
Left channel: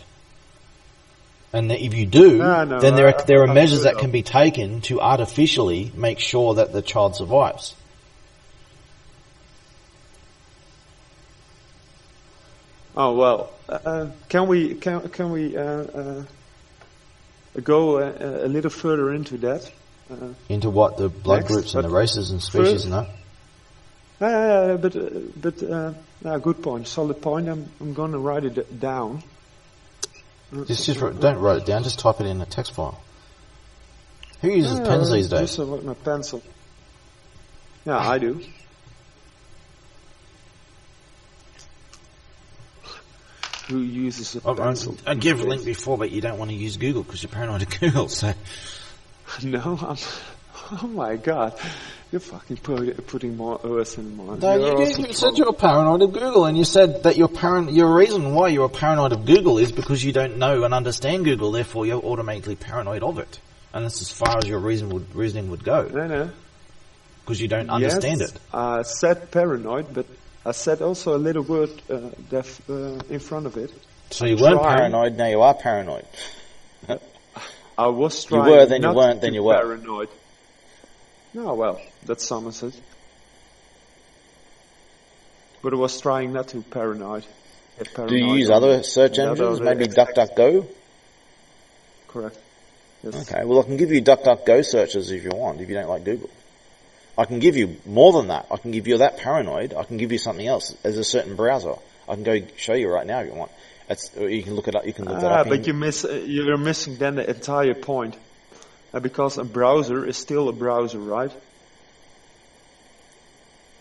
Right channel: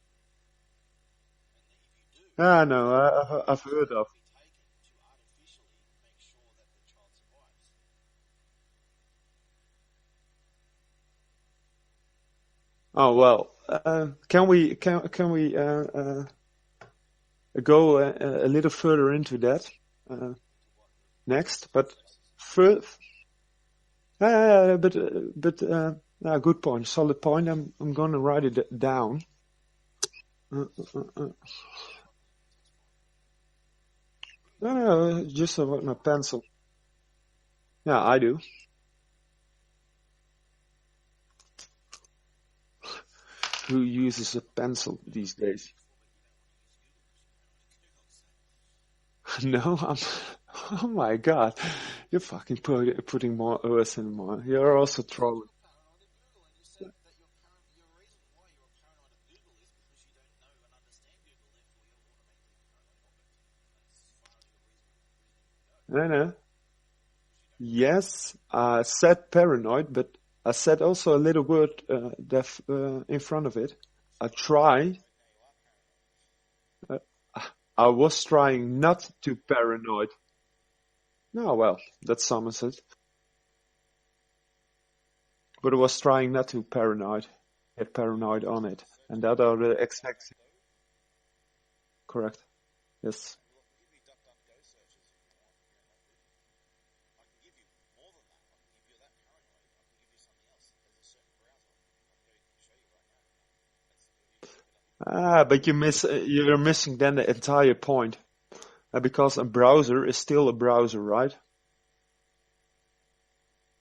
and if you do, then there are measures that can be taken to artificially make sure that the child survives. Oh well, can we go a little further into that? Into what? The blood Next, groups and the but races and species and that? Good point, solid point. I'm going to write it down. Don't write it down, just type it in a text file. Who uses pens these days? Just with my pencil. Yeah, I do. Who uses a pencil? I gave a link before, but you don't want to use Google because you're paranoid of Google. So No, oh my God, you're fucking putting more earth in mine. no, You said you were paranoid of Google, and you said that your reason why you're paranoid of Google is because you don't know and understand Google. Therefore, you're automatically paranoid of it, and that's as far as your reasoning would go. No. Because you don't understand it. I said paranoid, but I said also a little word in front of it. So you weren't paranoid, now you are paranoid. I was trying you were, then not you weren't, then to you were. paranoid. No, well, that summons it. But I was trying not to paranoid. Get Do paranoid you use on other it. search And engines, maybe DuckDuckGo? Correct. Yes. Okay, well I can give you DuckDuckGo searches if you want, if you don't like Google. I can give you more than that. I can give you that paranoid. I can give you something else as a certain browser. I can go show you right now if you want. You can look it up. You can look that up. But you're missing then the entire point, because a browser is still a browser, right?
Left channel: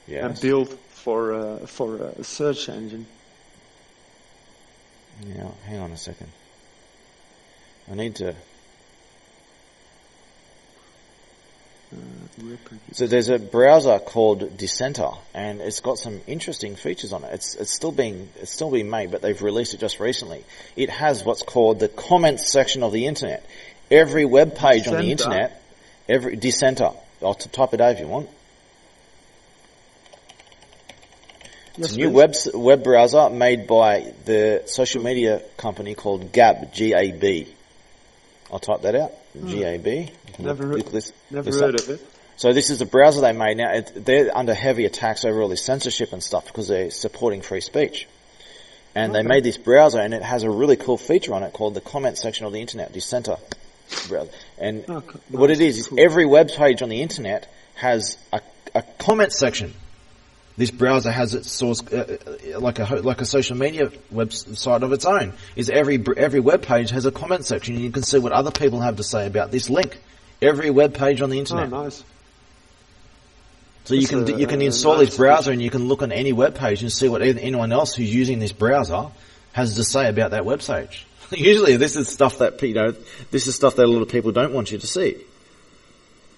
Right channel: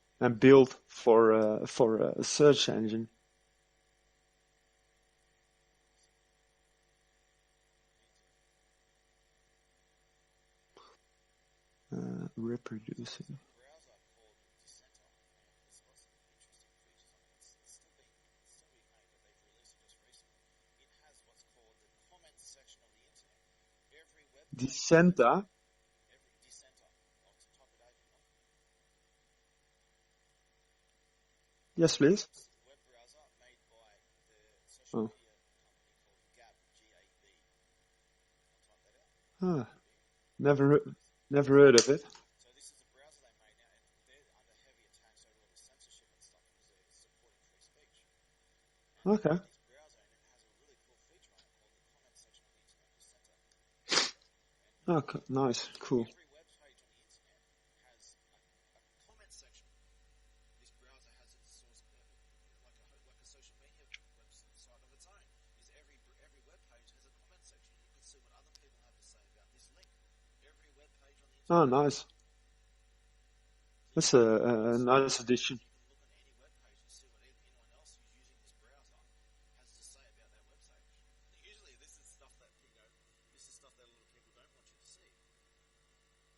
Yes. And built for a search engine. Yeah, hang on a second. I need to. So there's a browser called Dissenter, and it's got some interesting features on it. It's still being made, but they've released it just recently. It has what's called the comments section of the internet. Every web page on the internet, every Dissenter. I'll type it out if you want. Yes, it's a new web browser made by the social media company called Gab, G-A-B. I'll type that out. G-A-B. Never heard of it. So this is the browser they made. Now, they're under heavy attacks over all this censorship and stuff because they're supporting free speech. And they made this browser, and it has a really cool feature on it called the comment section of the internet, Dissenter browser. And what it is every web page on the internet has a comment section. This browser has its source, like a social media website of its own. Is every web page has a comment section, and you can see what other people have to say about this link. Every web page on the internet. Oh, nice. So you can install this browser and you can look on any web page and see what anyone else who's using this browser has to say about that web page. Usually, this is stuff that a lot of people don't want you to see.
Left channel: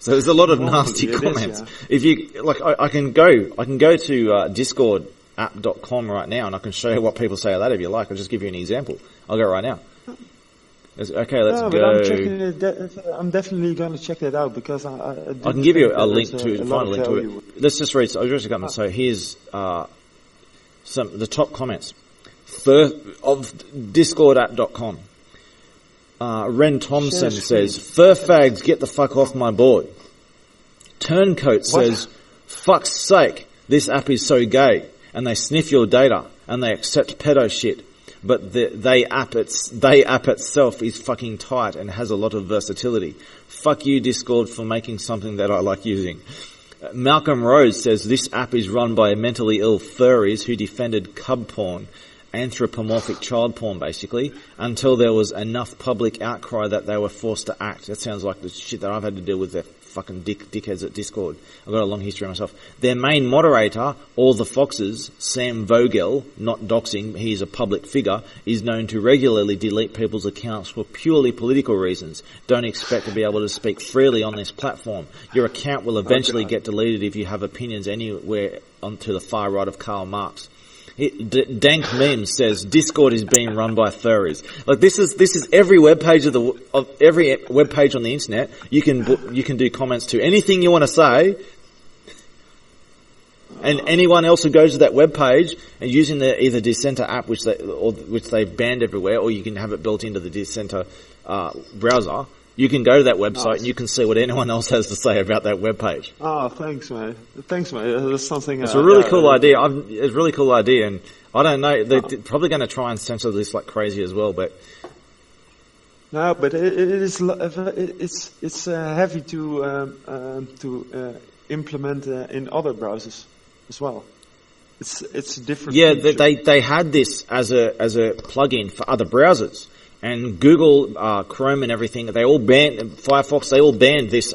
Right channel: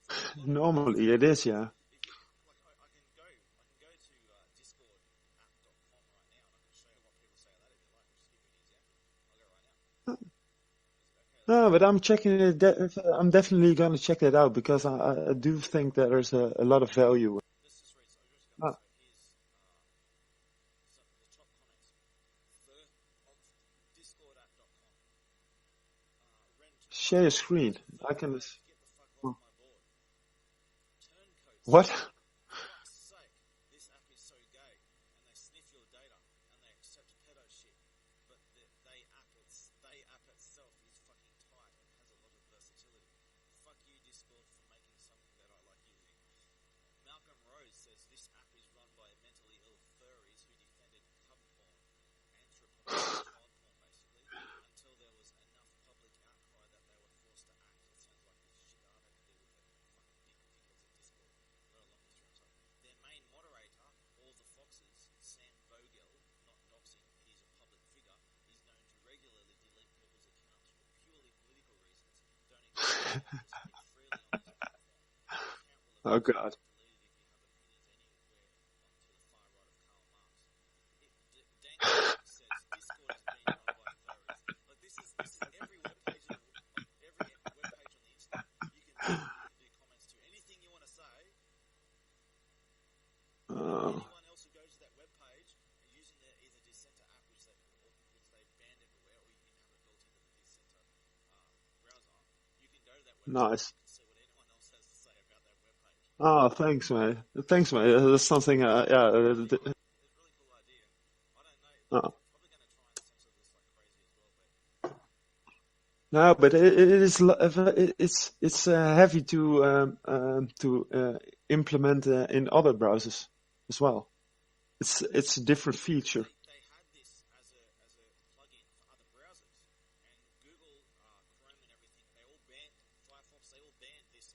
So there's a lot of nasty comments. If you I can go to discordapp.com right now and I can show you what people say of that if you like. I'll just give you an example. I'll go right now. Okay, let's go. But I'm checking it. I'm definitely going to check that out because I can give you a link to a lot of value. Let's just read. So here's the top comments of discordapp.com. Ren Thompson says, "Fur fags, get the fuck off my board." Turncoat says, "Fuck's sake, this app is so gay, and they sniff your data and they accept pedo shit." But they app itself is fucking tight and has a lot of versatility. Fuck you, Discord, for making something that I like using. Malcolm Rose says this app is run by mentally ill furries who defended cub porn, anthropomorphic child porn basically, until there was enough public outcry that they were forced to act. That sounds like the shit that I've had to deal with their fucking dickheads at Discord. I've got a long history myself. Their main moderator, All the Foxes, Sam Vogel, not doxing, he's a public figure, is known to regularly delete people's accounts for purely political reasons. Don't expect to be able to speak freely on this platform. Your account will eventually get deleted if you have opinions anywhere onto the far right of Karl Marx. Dank Meme says Discord is being run by furries. Like this is every web page of every web page on the internet. You can do comments to anything you want to say, and anyone else who goes to that web page and using the either Dissenter app, which they've banned everywhere, or you can have it built into the Dissenter browser. You can go to that website and you can see what anyone else has to say about that web page. Oh, thanks, mate. That's something. It's a really cool idea. It's a really cool idea, and I don't know. They're probably going to try and censor this like crazy as well, but No, but it's heavy to implement in other browsers as well. It's a different. yeah, feature. they had this as a plugin for other browsers, and Google, Chrome, and everything. They all banned Firefox. They all banned this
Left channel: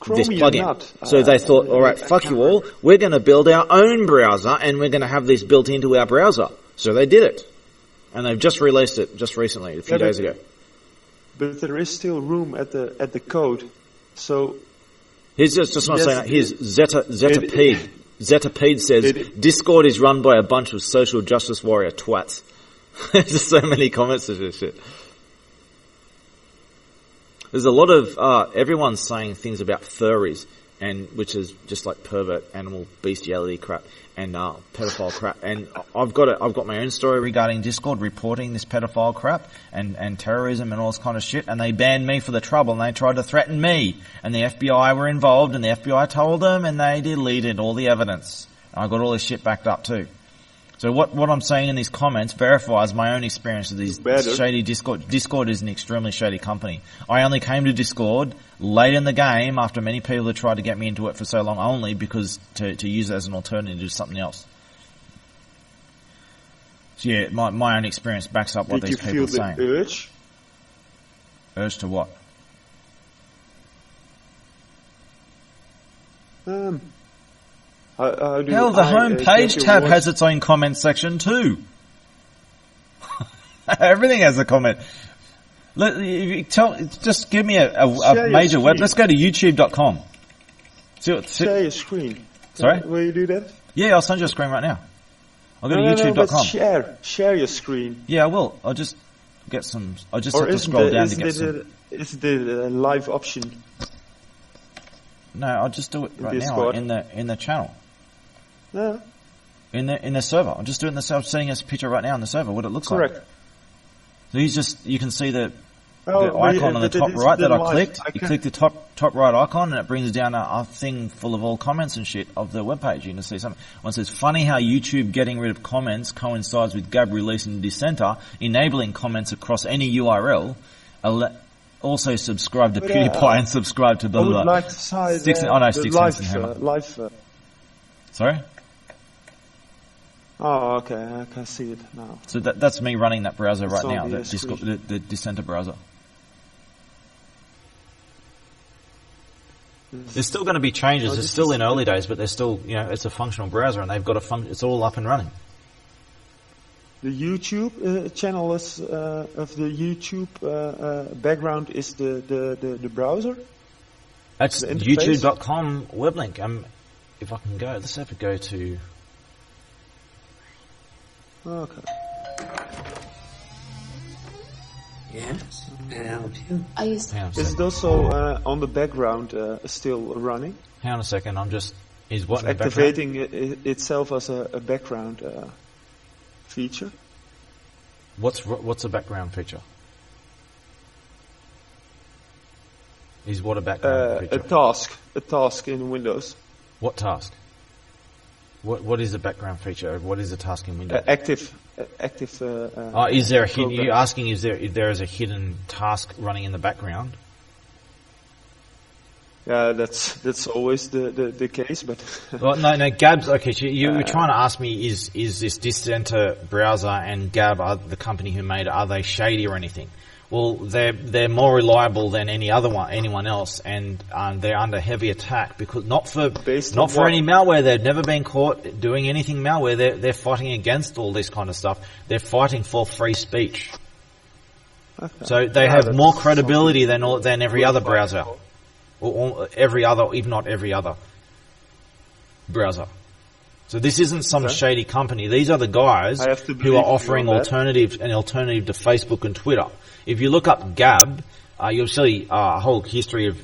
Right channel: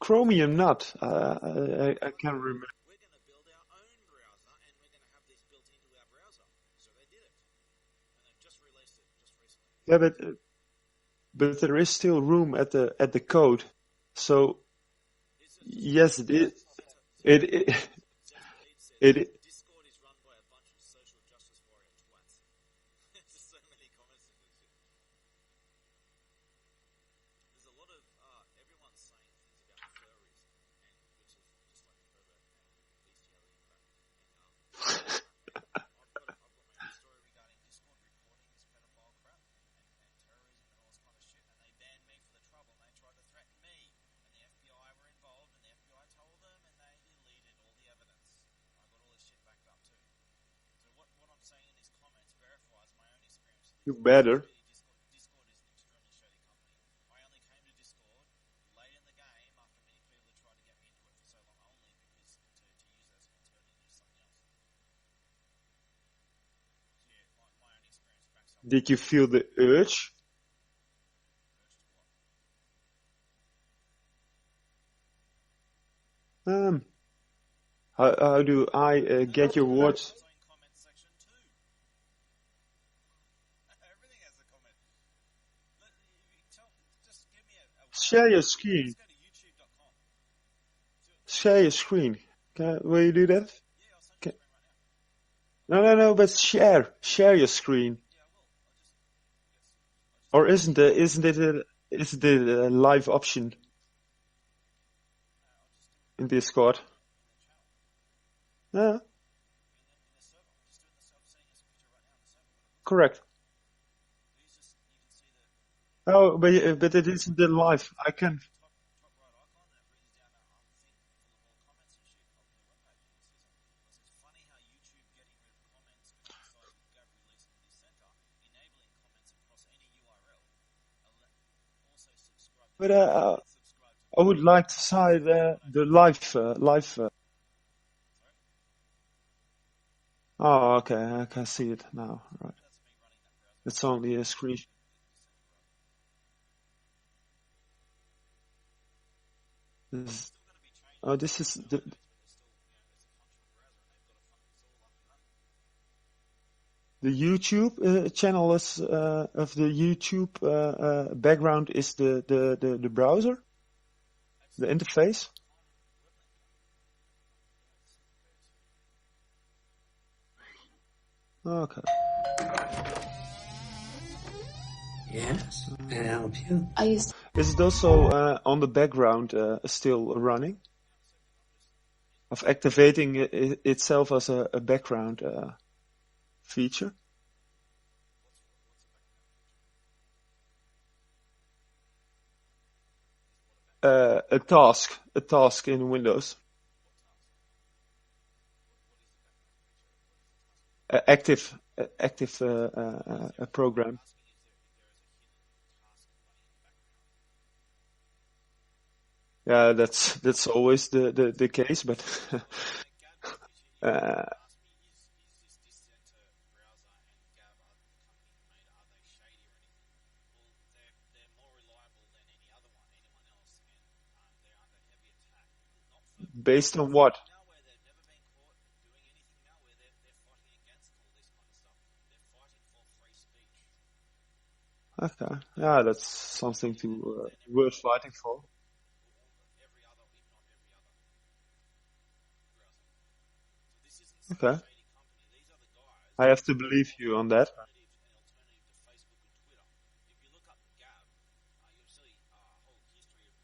Chromium plugin. not. So they thought, all right, I fuck can't you all. remember. We're going to build our own browser, and we're going to have this built into our browser. So they did it, and they've just released it just recently, a few days ago. But there is still room at the code. So Here's just not Yes, saying that. Here's Zetapede. Zetapede says, Discord is run by a bunch of social justice warrior twats. There's just so many comments to this shit. There's a lot of, everyone's saying things about furries, and which is just like pervert, animal, bestiality crap, and pedophile crap. And I've got my own story regarding Discord reporting this pedophile crap and terrorism and all this kind of shit. And they banned me for the trouble, and they tried to threaten me. And the FBI were involved, and the FBI told them, and they deleted all the evidence. And I got all this shit backed up too. So what I'm saying in these comments verifies my own experience of these shady Discord. Discord is an extremely shady company. I only came to Discord late in the game after many people had tried to get me into it for so long, only because to use it as an alternative to something else. So yeah, my own experience backs up what did these you people feel are saying. the urge? Urge to what? How do Hell, the I home get page your tab voice? has its own comment section too. Everything has a comment. Just give me a Share your major web. screen. Let's go to youtube.com. Share your screen. Sorry? Will you do that? Yeah, I'll send you a screen right now. I'll go No, to no, but youtube.com. share your screen. Yeah, I will. I'll just get some. I'll just Or have to isn't scroll it down to get some. is the live option? No, I'll just do it in right Discord? now in the channel. Yeah, In the server. I'll just do it in the server. I'm sending us a picture right now in the server, what it looks correct. like. So you can see the Oh, but, icon on the but it top is right the that I live. clicked. I You can, click the top right icon, and it brings down a thing full of all comments and shit of the webpage. You can see something. One says, "Funny how YouTube getting rid of comments coincides with Gab releasing Dissenter, enabling comments across any URL. Also subscribe to But, PewDiePie and subscribe to I blah would blah." blah. like to say Sticks- the, oh, no, the sticks live, in the live. Sorry. Oh, okay, I can see it now. So that's me running that browser It's right on now, the Discord, screen. the Dissenter browser. There's still going to be changes. Oh, It's this still is in early days, but they're still, it's a functional browser, and they've got it's all up and running. The YouTube channel is of the YouTube background is the browser. That's The interface? youtube.com web link. If I can go, let's have to go to. Okay. Yes, can I help you? I used Hang on, Is it also on the background still running? hang on a second. Is what Of activating itself as a background feature? What's a background feature? Is what a background feature? A task in Windows. What task? What is the background feature? What is the task in Windows? Active. Is there a hidden? program. You're asking if there is a hidden task running in the background? Yeah, that's always the case, but Well, no, Gab. Okay, so you were trying to ask me: is this Dissenter browser and Gab, the company who made it, are they shady or anything? Well, they're more reliable than anyone else, and they're under heavy attack because not for any malware. They've never been caught doing anything malware. They're fighting against all this kind of stuff. They're fighting for free speech. okay. So they Yeah, have that's more credibility something than every worth other fighting browser, for. or every other, if not every other browser. So this isn't some Okay. shady company. These are the guys I have to who believe are you offering on that. an alternative to Facebook and Twitter. If you look up Gab, you'll see a whole history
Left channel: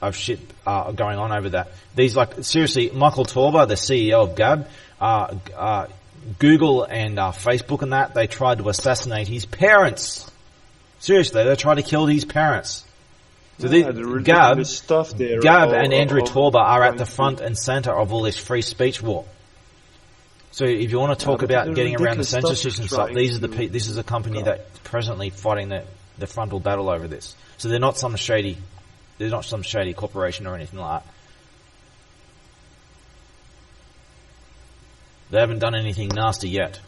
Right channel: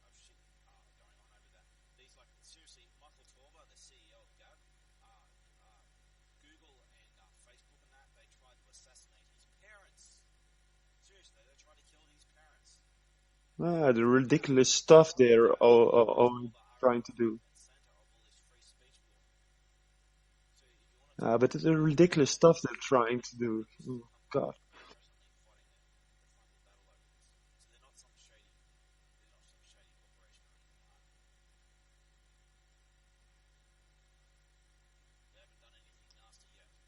of shit going on over that. These seriously, Michael Torba, the CEO of Gab, Google and Facebook and that, they tried to assassinate his parents. Seriously, they tried to kill his parents. So the ridiculous stuff there. Gab all- and Andrew all Torba are at trying the to- front and center of all this free speech war. So if you want to talk but about the getting around the ridiculous censorship stuff and they're stuff, trying this is a company God. that's presently fighting the frontal battle over this. So they're not some shady corporation or anything like that. They haven't done anything nasty yet.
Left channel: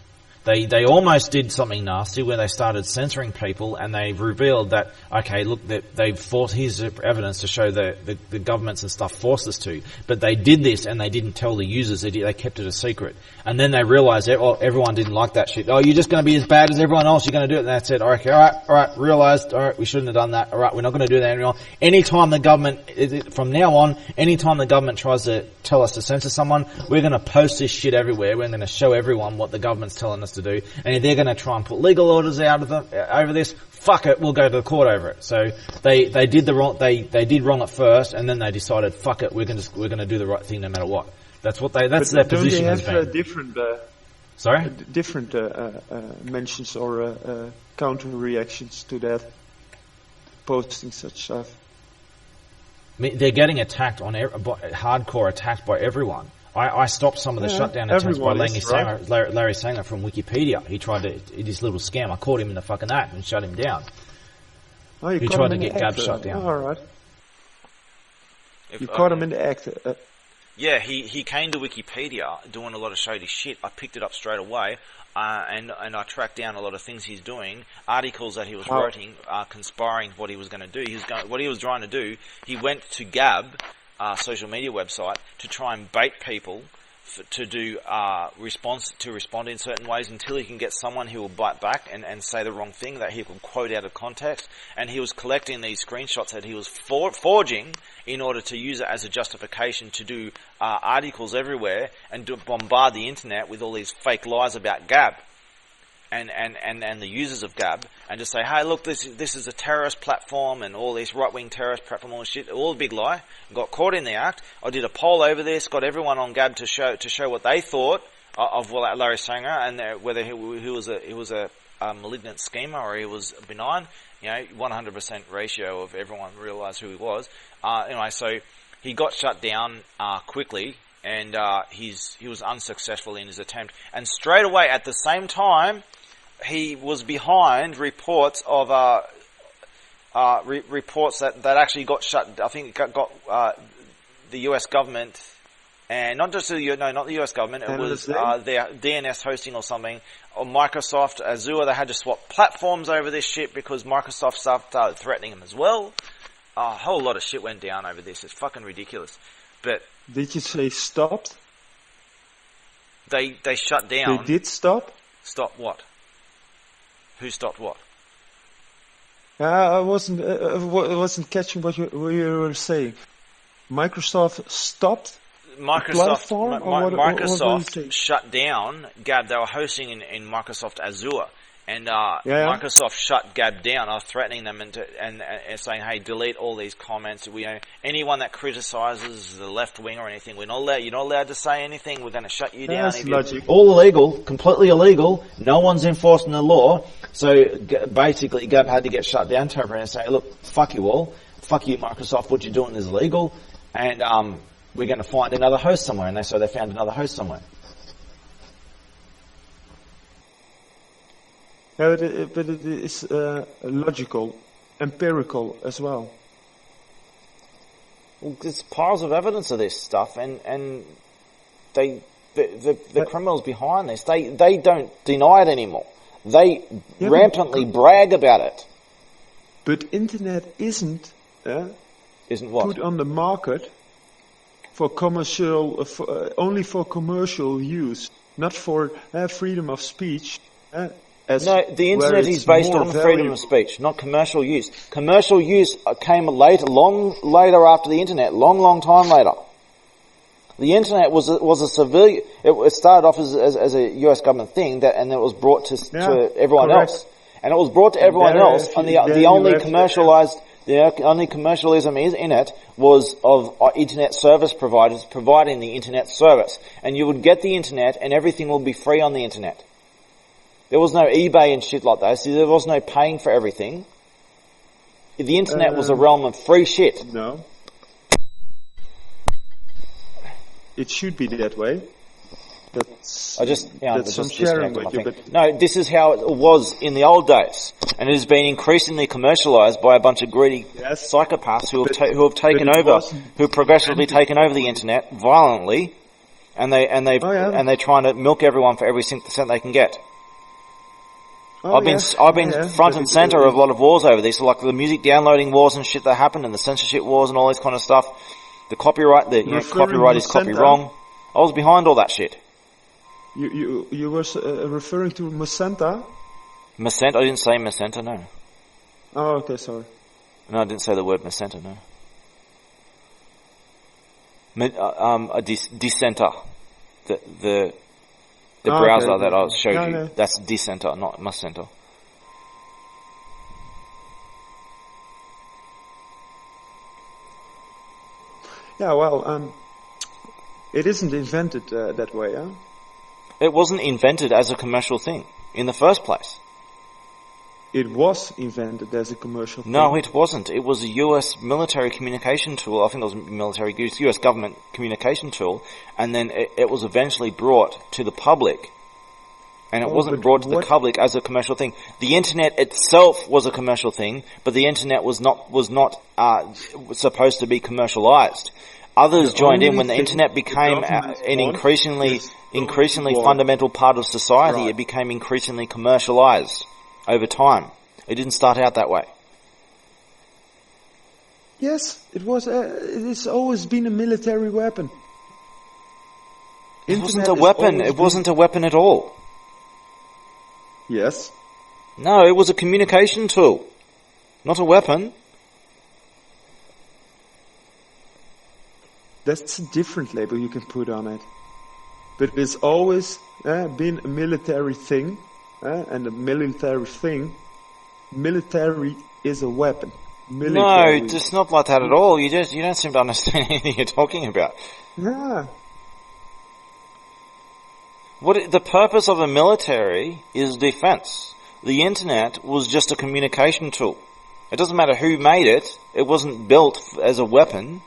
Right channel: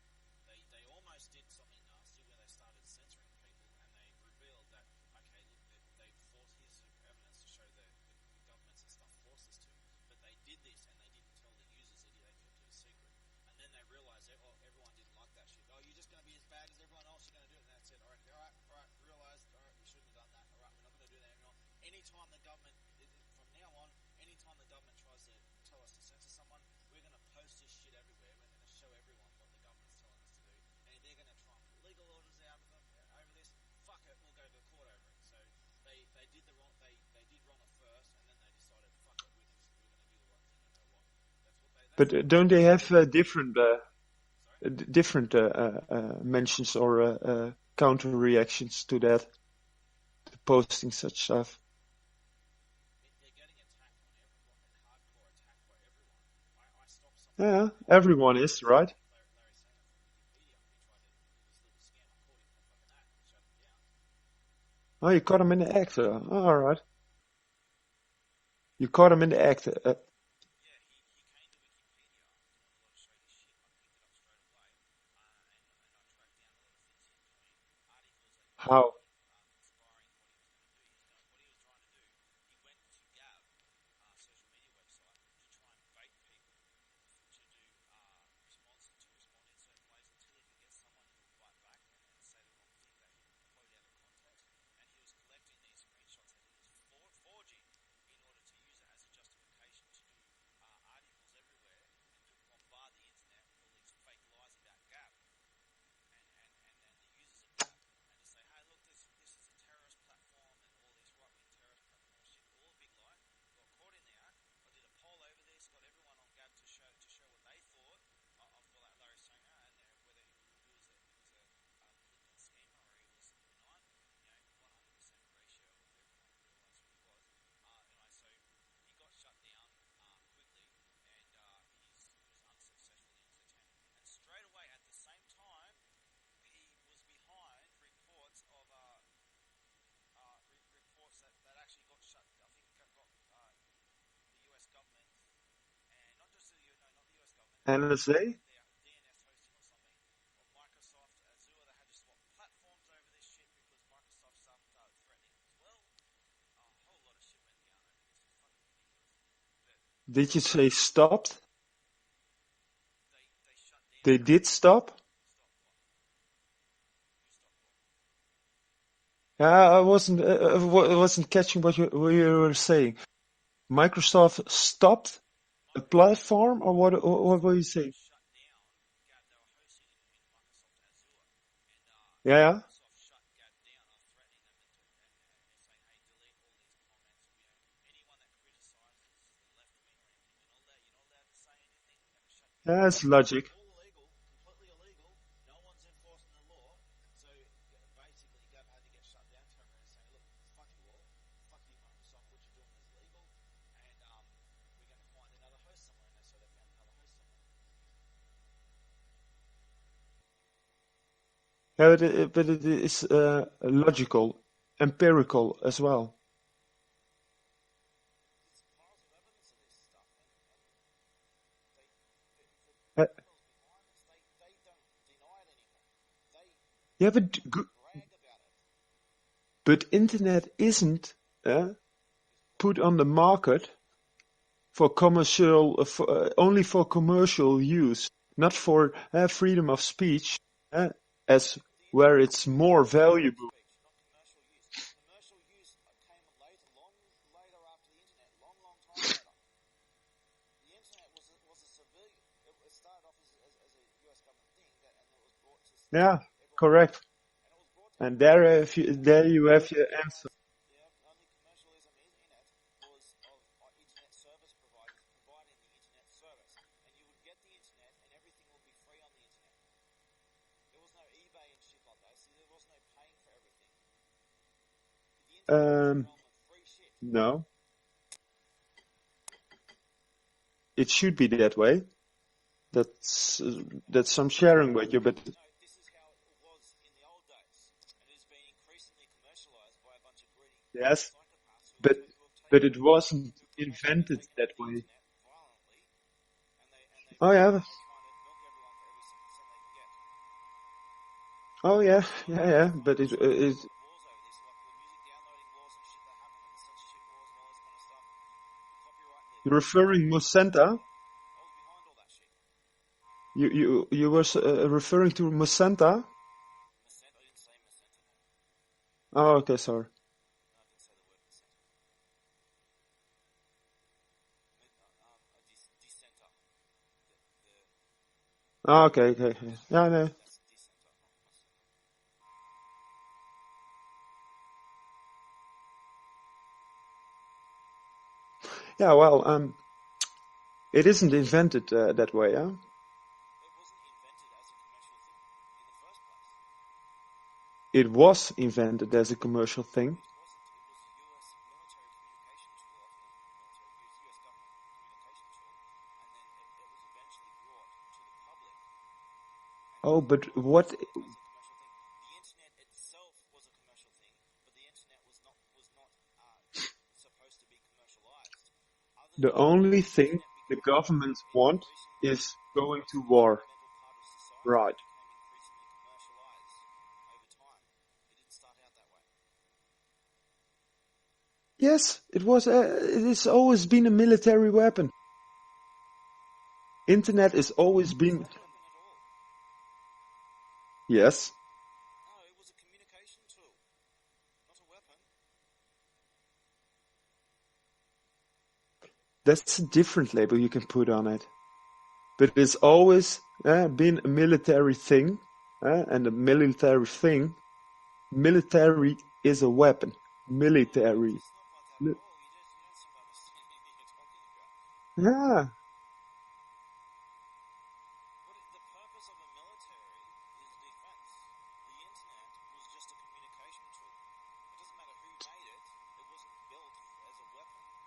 They almost did something nasty where they started censoring people, and they've revealed that, okay, look, they've forced, here's evidence to show the governments and stuff forced us to. But they did this and they didn't tell the users, they kept it a secret. And then they realized that, everyone didn't like that shit. Oh, you're just going to be as bad as everyone else, you're going to do it. And that's it. Okay, alright, realized, alright, we shouldn't have done that. Alright, we're not going to do that anymore. Anytime the government, from now on, anytime the government tries to tell us to censor someone, we're going to post this shit everywhere. We're going to show everyone what the government's telling us to do. And if they're going to try and put legal orders out of them, over this, fuck it, we'll go to the court over it. So they did wrong at first, and then they decided, fuck it, we're going to do the right thing no matter what. That's their But don't they position. have different Sorry? different mentions or counter reactions to that? Posting such stuff. I mean, they're getting attacked hardcore attacked by everyone. I stopped some of the shutdown attempts everyone by is, right? Larry Sanger from Wikipedia. He tried to, this little scam, I caught him in the fucking act and shut him down. Oh, you He caught tried him to in the get act. Gab shut down. All right. You caught him in the act. Yeah, he came to Wikipedia doing a lot of shady shit. I picked it up straight away, and I tracked down a lot of things he's doing, articles that he was writing, conspiring what he was going to do. What he was trying to do, he went to Gab, social media website, to try and bait people to respond in certain ways until he can get someone who will bite back and say the wrong thing that he can quote out of context. And he was collecting these screenshots that he was forging in order to use it as a justification to do articles everywhere and to bombard the internet with all these fake lies about Gab and the users of Gab, and just say, hey, look, this is a terrorist platform and all this right-wing terrorist platform, all this shit, all a big lie. Got caught in the act. I did a poll over this, got everyone on Gab to show what they thought of Larry Sanger and whether he was a malignant schemer or he was benign. 100% ratio of everyone realised who he was. Anyway, so he got shut down quickly, and he was unsuccessful in his attempt. And straight away, at the same time, he was behind reports of reports that actually got shut. I think it got the U.S. government, and not just not the U.S. government. It was their DNS hosting or something. Or Microsoft, Azure, they had to swap platforms over this shit because Microsoft started threatening them as well. A whole lot of shit went down over this. It's fucking ridiculous. But did you say stopped? They shut down. They did stop? Stop what? Who stopped what? I wasn't catching what you were saying. Microsoft stopped the platform, or what were you saying? Shut down Gab. They were hosting in Microsoft Azure, and Microsoft shut Gab down. I was threatening them and saying, "Hey, delete all these comments. Anyone that criticises the left wing or anything, you're not allowed to say anything. We're going to shut you down." That's logic. All illegal, completely illegal. No one's enforcing the law. So basically, Gab had to get shut down temporarily and say, "Look, fuck you all. Fuck you, Microsoft. What you're doing is illegal." And we're going to find another host somewhere. And so they found another host somewhere. Yeah, but it is logical, empirical as well. There's piles of evidence of this stuff, and the criminals behind this, they don't deny it anymore. They rampantly brag about it. But internet isn't what? Put on the market for commercial, only for commercial use, not for freedom of speech. No, the internet is based on freedom of speech, not commercial use. Commercial use came long later after the internet, long time later. The internet was a civilian. It started off as a U.S. government thing, and it was brought to everyone else, and it was brought to everyone else. And the only commercialized. The only commercialism is in it was of internet service providers providing the internet service. And you would get the internet and everything would be free on the internet. There was no eBay and shit like that. So there was no paying for everything. The internet was a realm of free shit. No. It should be that way. that's Yeah, that's some just sharing interrupted with you. my But thing. No, this is how it was in the old days, and it has been increasingly commercialized by a bunch of greedy Yes. psychopaths who But- have taken but it over, wasn't who progressively invented taken over the that way. internet violently, and they're trying to milk everyone for every cent they can get. oh, I've been front but and center of a lot of wars over this, like the music downloading wars and shit that happened, and the censorship wars and all this kind of stuff. The copyright, Referring copyright is copy Mosenta? wrong. I was behind all that shit. You were referring to Mosenta? Macenta, I didn't say Macenta, no. Oh, okay, sorry. No, I didn't say the word Macenta, no. A Dissenter. The Oh, okay, browser okay, that I okay. showed No, you, no. that's Dissenter, not Macenta. Yeah, well, it isn't invented that way, huh? It wasn't invented as a commercial thing in the first place. It was invented as a commercial thing. No, it wasn't. It was a US military communication tool. I think it was US government communication tool, and then it was eventually brought to the public. And it Oh, wasn't but brought to the what- public as a commercial thing. The internet itself was a commercial thing, but the internet was not supposed to be commercialized. Others The joined in only when the thing internet the became government an wants increasingly is going to war. fundamental part of society. Right. It became increasingly commercialized over time. It didn't start out that way. Yes, it was. It has always been a military weapon. It wasn't a has weapon. always It wasn't a weapon at all. Yes. No, it was a communication tool, not a weapon. That's a different label you can put on it. But it's always been a military thing, and a military thing, military is a weapon. Military. No, it's not like that at all. You don't seem to understand anything you're talking about. Yeah. The purpose of a military is defense. The internet was just a communication tool. It doesn't matter who made it. It wasn't built as a weapon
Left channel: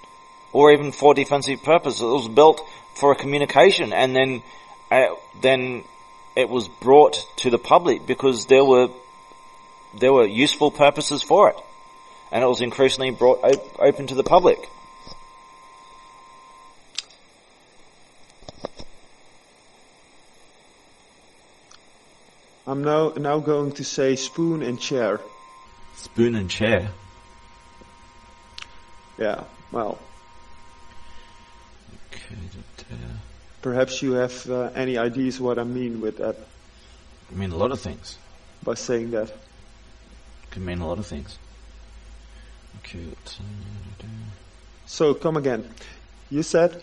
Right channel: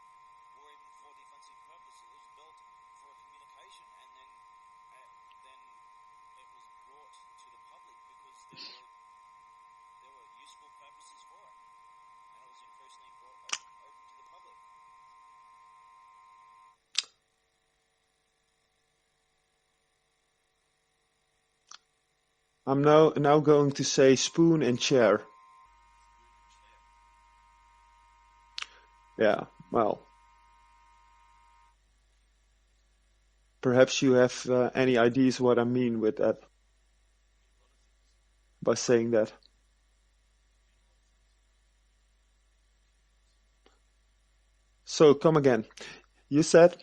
or even for defensive purposes. It was built for a communication, and then it was brought to the public because there were useful purposes for it, and it was increasingly brought open to the public. I'm now going to say spoon and chair. Spoon and chair. Yeah, well. Perhaps you have any ideas what I mean with that I mean a lot of things. by saying that. Can mean a lot of things. Okay. So come again. You said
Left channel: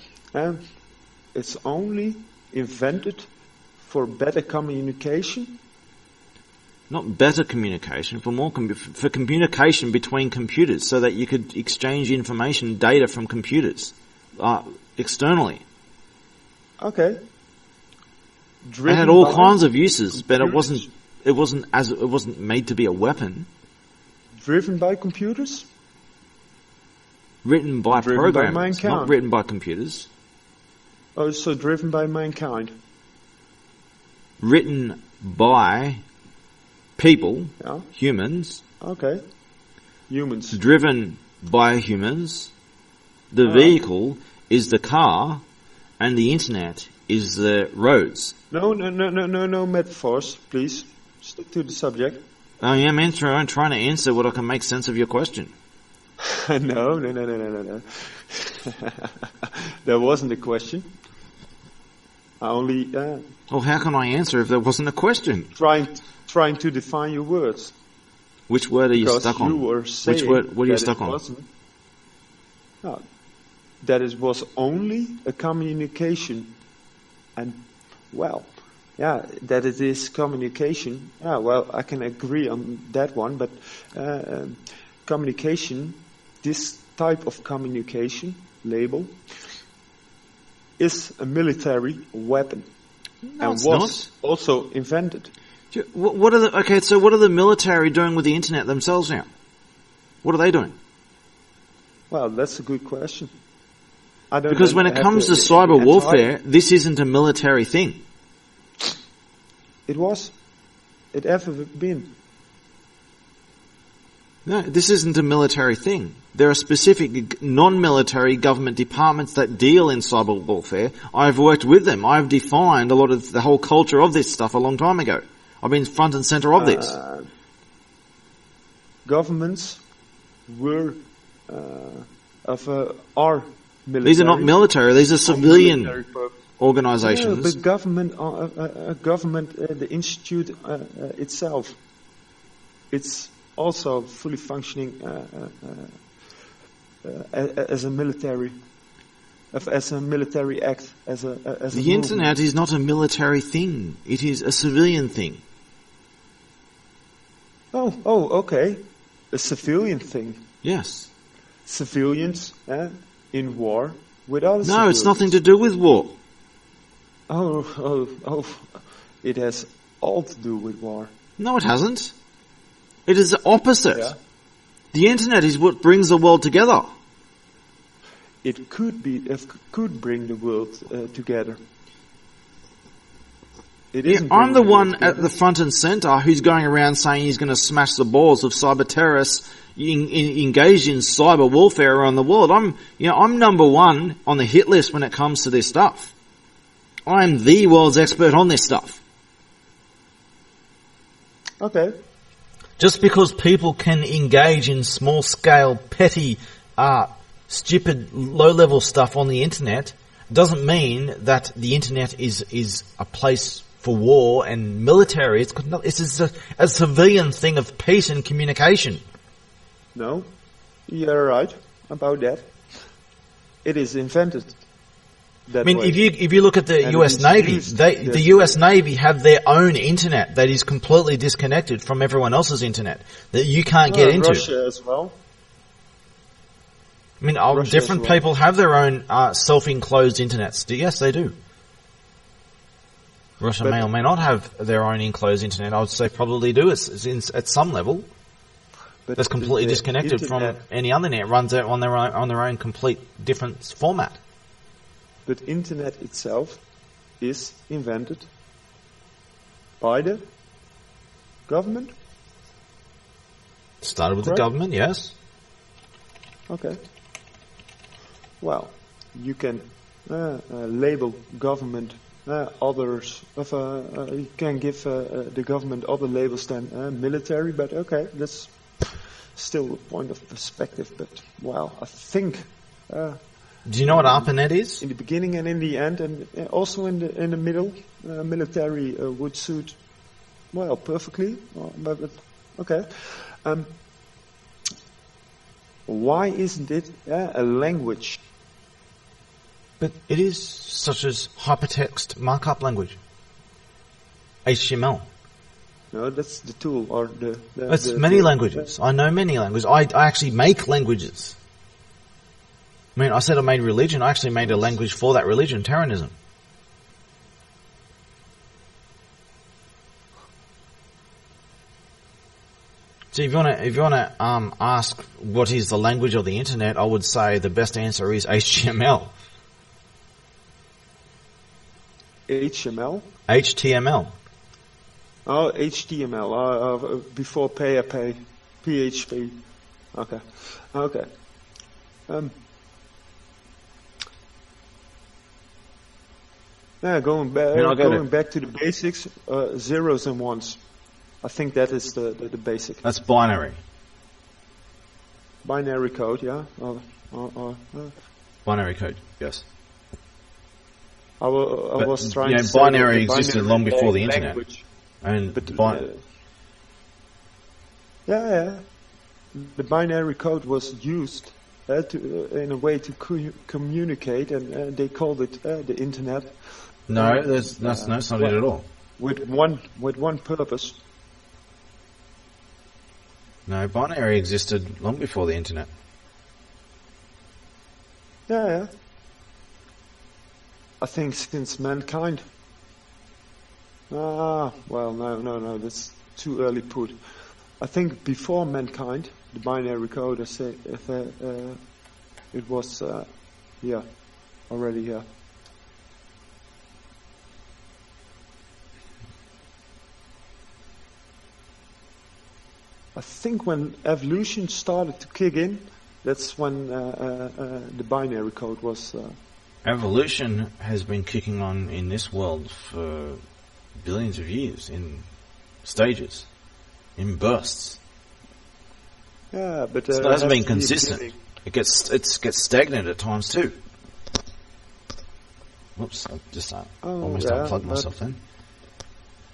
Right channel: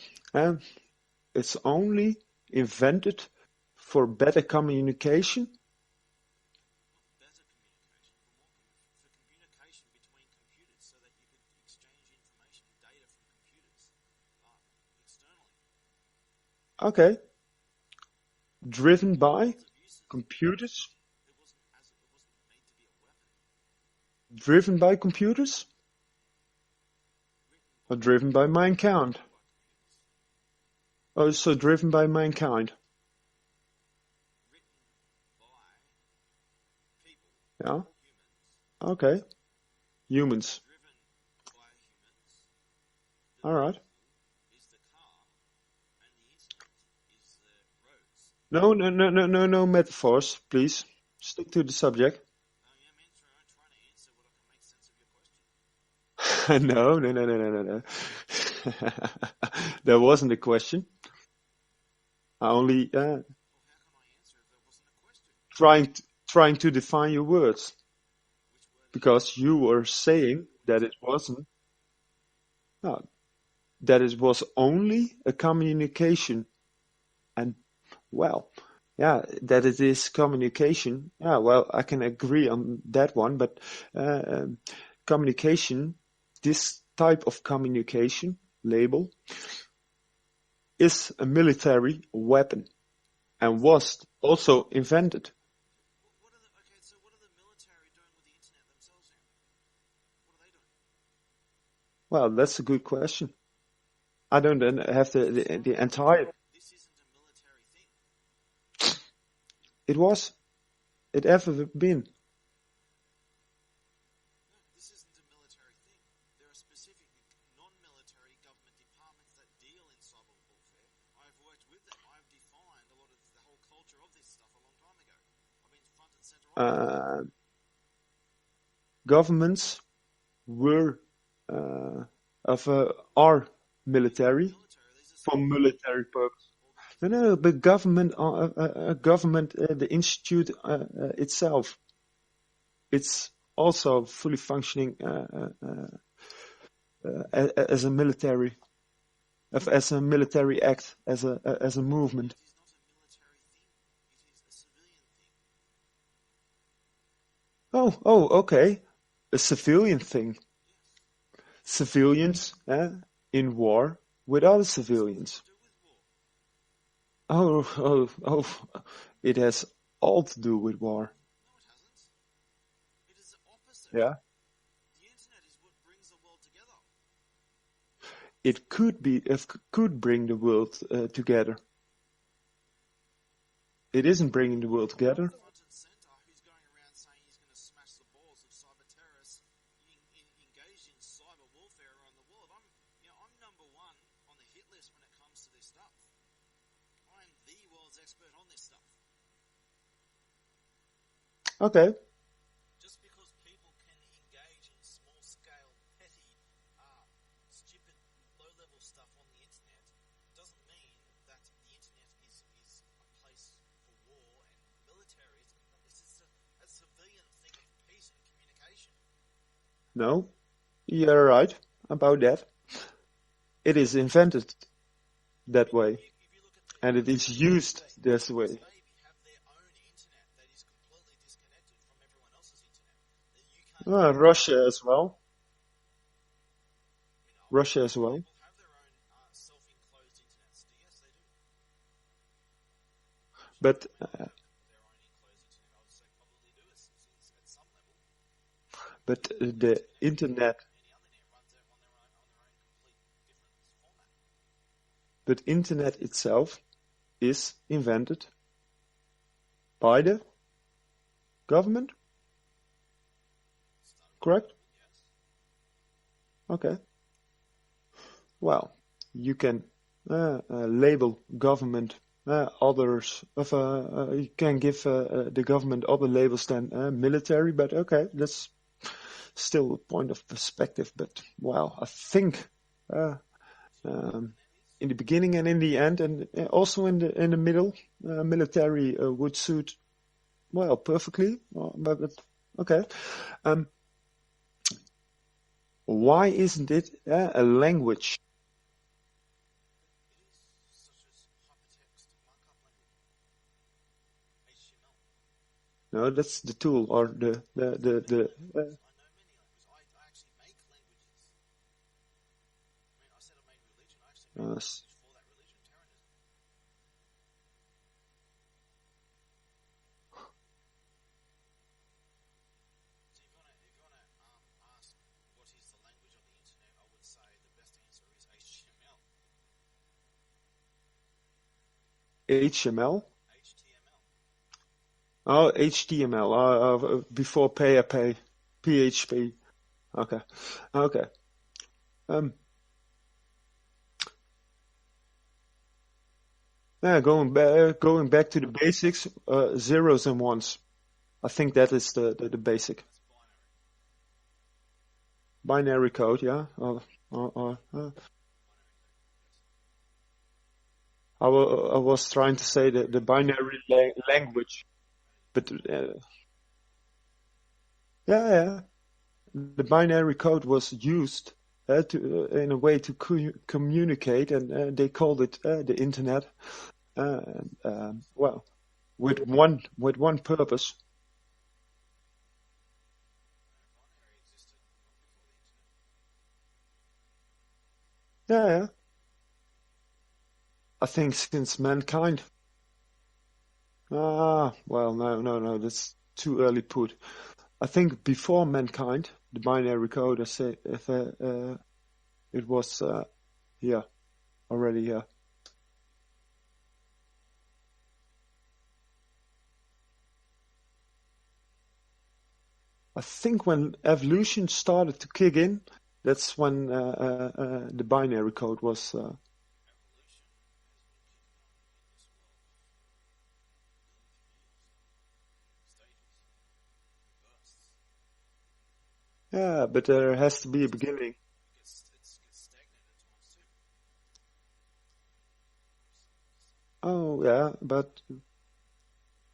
it's only invented for better communication. Not better communication, for communication between computers, so that you could exchange information, data from computers externally. Okay. It Driven had all by kinds of uses, but it computers? wasn't made to be a weapon. Driven by computers? Written by Driven by programmers, mankind. not written by computers. Oh, so driven by mankind. Written by people, Yeah. humans, Okay. Humans. driven by humans. The Alright. vehicle is the car, and the internet is the roads. No metaphors, please. Stick to the subject. I am I'm trying to answer what I can make sense of your question. No. That wasn't a question. I only Well, how can I answer if there wasn't a question? trying to define your words. Which word are you Because stuck you on? were saying what are you that stuck it on? wasn't. No, that it was only a communication, and that it is communication. Yeah, well, I can agree on that one, but communication, this type of communication label, is a military weapon, and it's was also invented. What are the military doing with the internet themselves now? What are they doing? Well, that's a good question. I don't Because when it have comes to the cyber entire- warfare, this isn't a military thing. It was. It ever been. No, this isn't a military thing. There are specific non-military government departments that deal in cyber warfare. I've worked with them. I've defined a lot of the whole culture of this stuff a long time ago. I've been front and center of this. Governments were are military. These are not military. These are for civilian military purpose. organizations. No, but government, the institute itself, it's also fully functioning as a military, as a military act, as a The movement. internet is not a military thing. It is a civilian thing. Oh, okay, a civilian thing. Yes. Civilians in war with other No, civilians. it's nothing to do with war. Oh, it has all to do with war. No, it hasn't. It is the opposite. Yeah. The internet is what brings the world together. It could bring the world together. It isn't. I'm the bringing one world at together. the front and center who's going around saying he's going to smash the balls of cyber terrorists engaged in cyber warfare around the world. I'm number one on the hit list when it comes to this stuff. I'm the world's expert on this stuff. Okay. Just because people can engage in small-scale, petty, stupid, low-level stuff on the internet doesn't mean that the internet is a place for war and military. It's a civilian thing of peace and communication. No, you're right about that. It is invented that I mean, way. if you look at the And US it is Navy, used the this US way. Navy have their own internet that is completely disconnected from everyone else's internet that you can't get into. Russia as well. I mean, Russia as different well. people have their own self-enclosed internets. Yes, they do. Russia But- may or may not have their own enclosed internet. I would say probably do at some level. But That's completely the disconnected internet, from any other net. Runs out on their own complete different format. But internet itself is invented by the government. Started with Correct. the government, yes. Okay. Well, you can label government others. You can give the government other labels than military, but okay, that's still a point of perspective. But well, I think Do you know what ARPANET is? in the beginning and in the end, and also in the middle, military would suit well perfectly. But okay. Why isn't it a language? But it is such as hypertext markup language. HTML. No, that's the tool or the. It's many languages. I know many languages. I actually make languages. I mean, I said I made religion. I actually made a language for that religion, Terranism. So if you wanna ask what is the language of the internet, I would say the best answer is HTML. HTML. HTML. Oh, HTML. Before PHP. PHP. Okay. Okay. Yeah, going back to the basics, zeros and ones. I think that is the basic That's binary. binary code. Yeah. Binary code. Yes. I was trying you know, to say binary that the existed binary long before the internet. language. And But yeah, the binary code was used in a way to communicate, and they called it the internet. no, that's not it at all. With one purpose. No, binary existed long before the internet. Yeah. I think since mankind. Well, no, that's too early put. I think before mankind, the binary code, I say, it was, already here. I think when evolution started to kick in, that's when the binary code was. Evolution has been kicking on in this world for billions of years, in stages, in bursts. Yeah, but So it it hasn't has been to be a consistent. beginning. It gets stagnant at times too. Whoops! I just almost unplugged but myself then.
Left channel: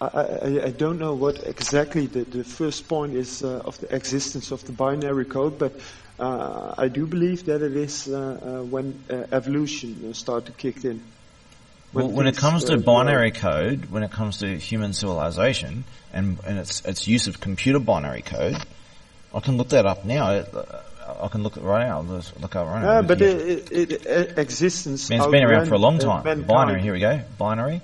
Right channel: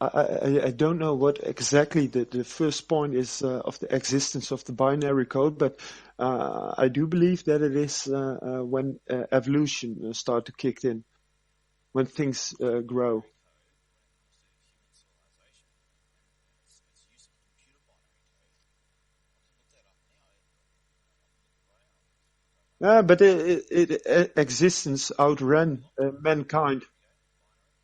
I don't know what exactly the first point is of the existence of the binary code, but I do believe that it is when evolution started to kick in. When it things, comes to grow. binary code, when it comes to human civilization and its use of computer binary code, I can look that up now. I can look it right now. Look up right now. But existence It's been around for a outran, long time. mankind. Binary, here we go. Binary.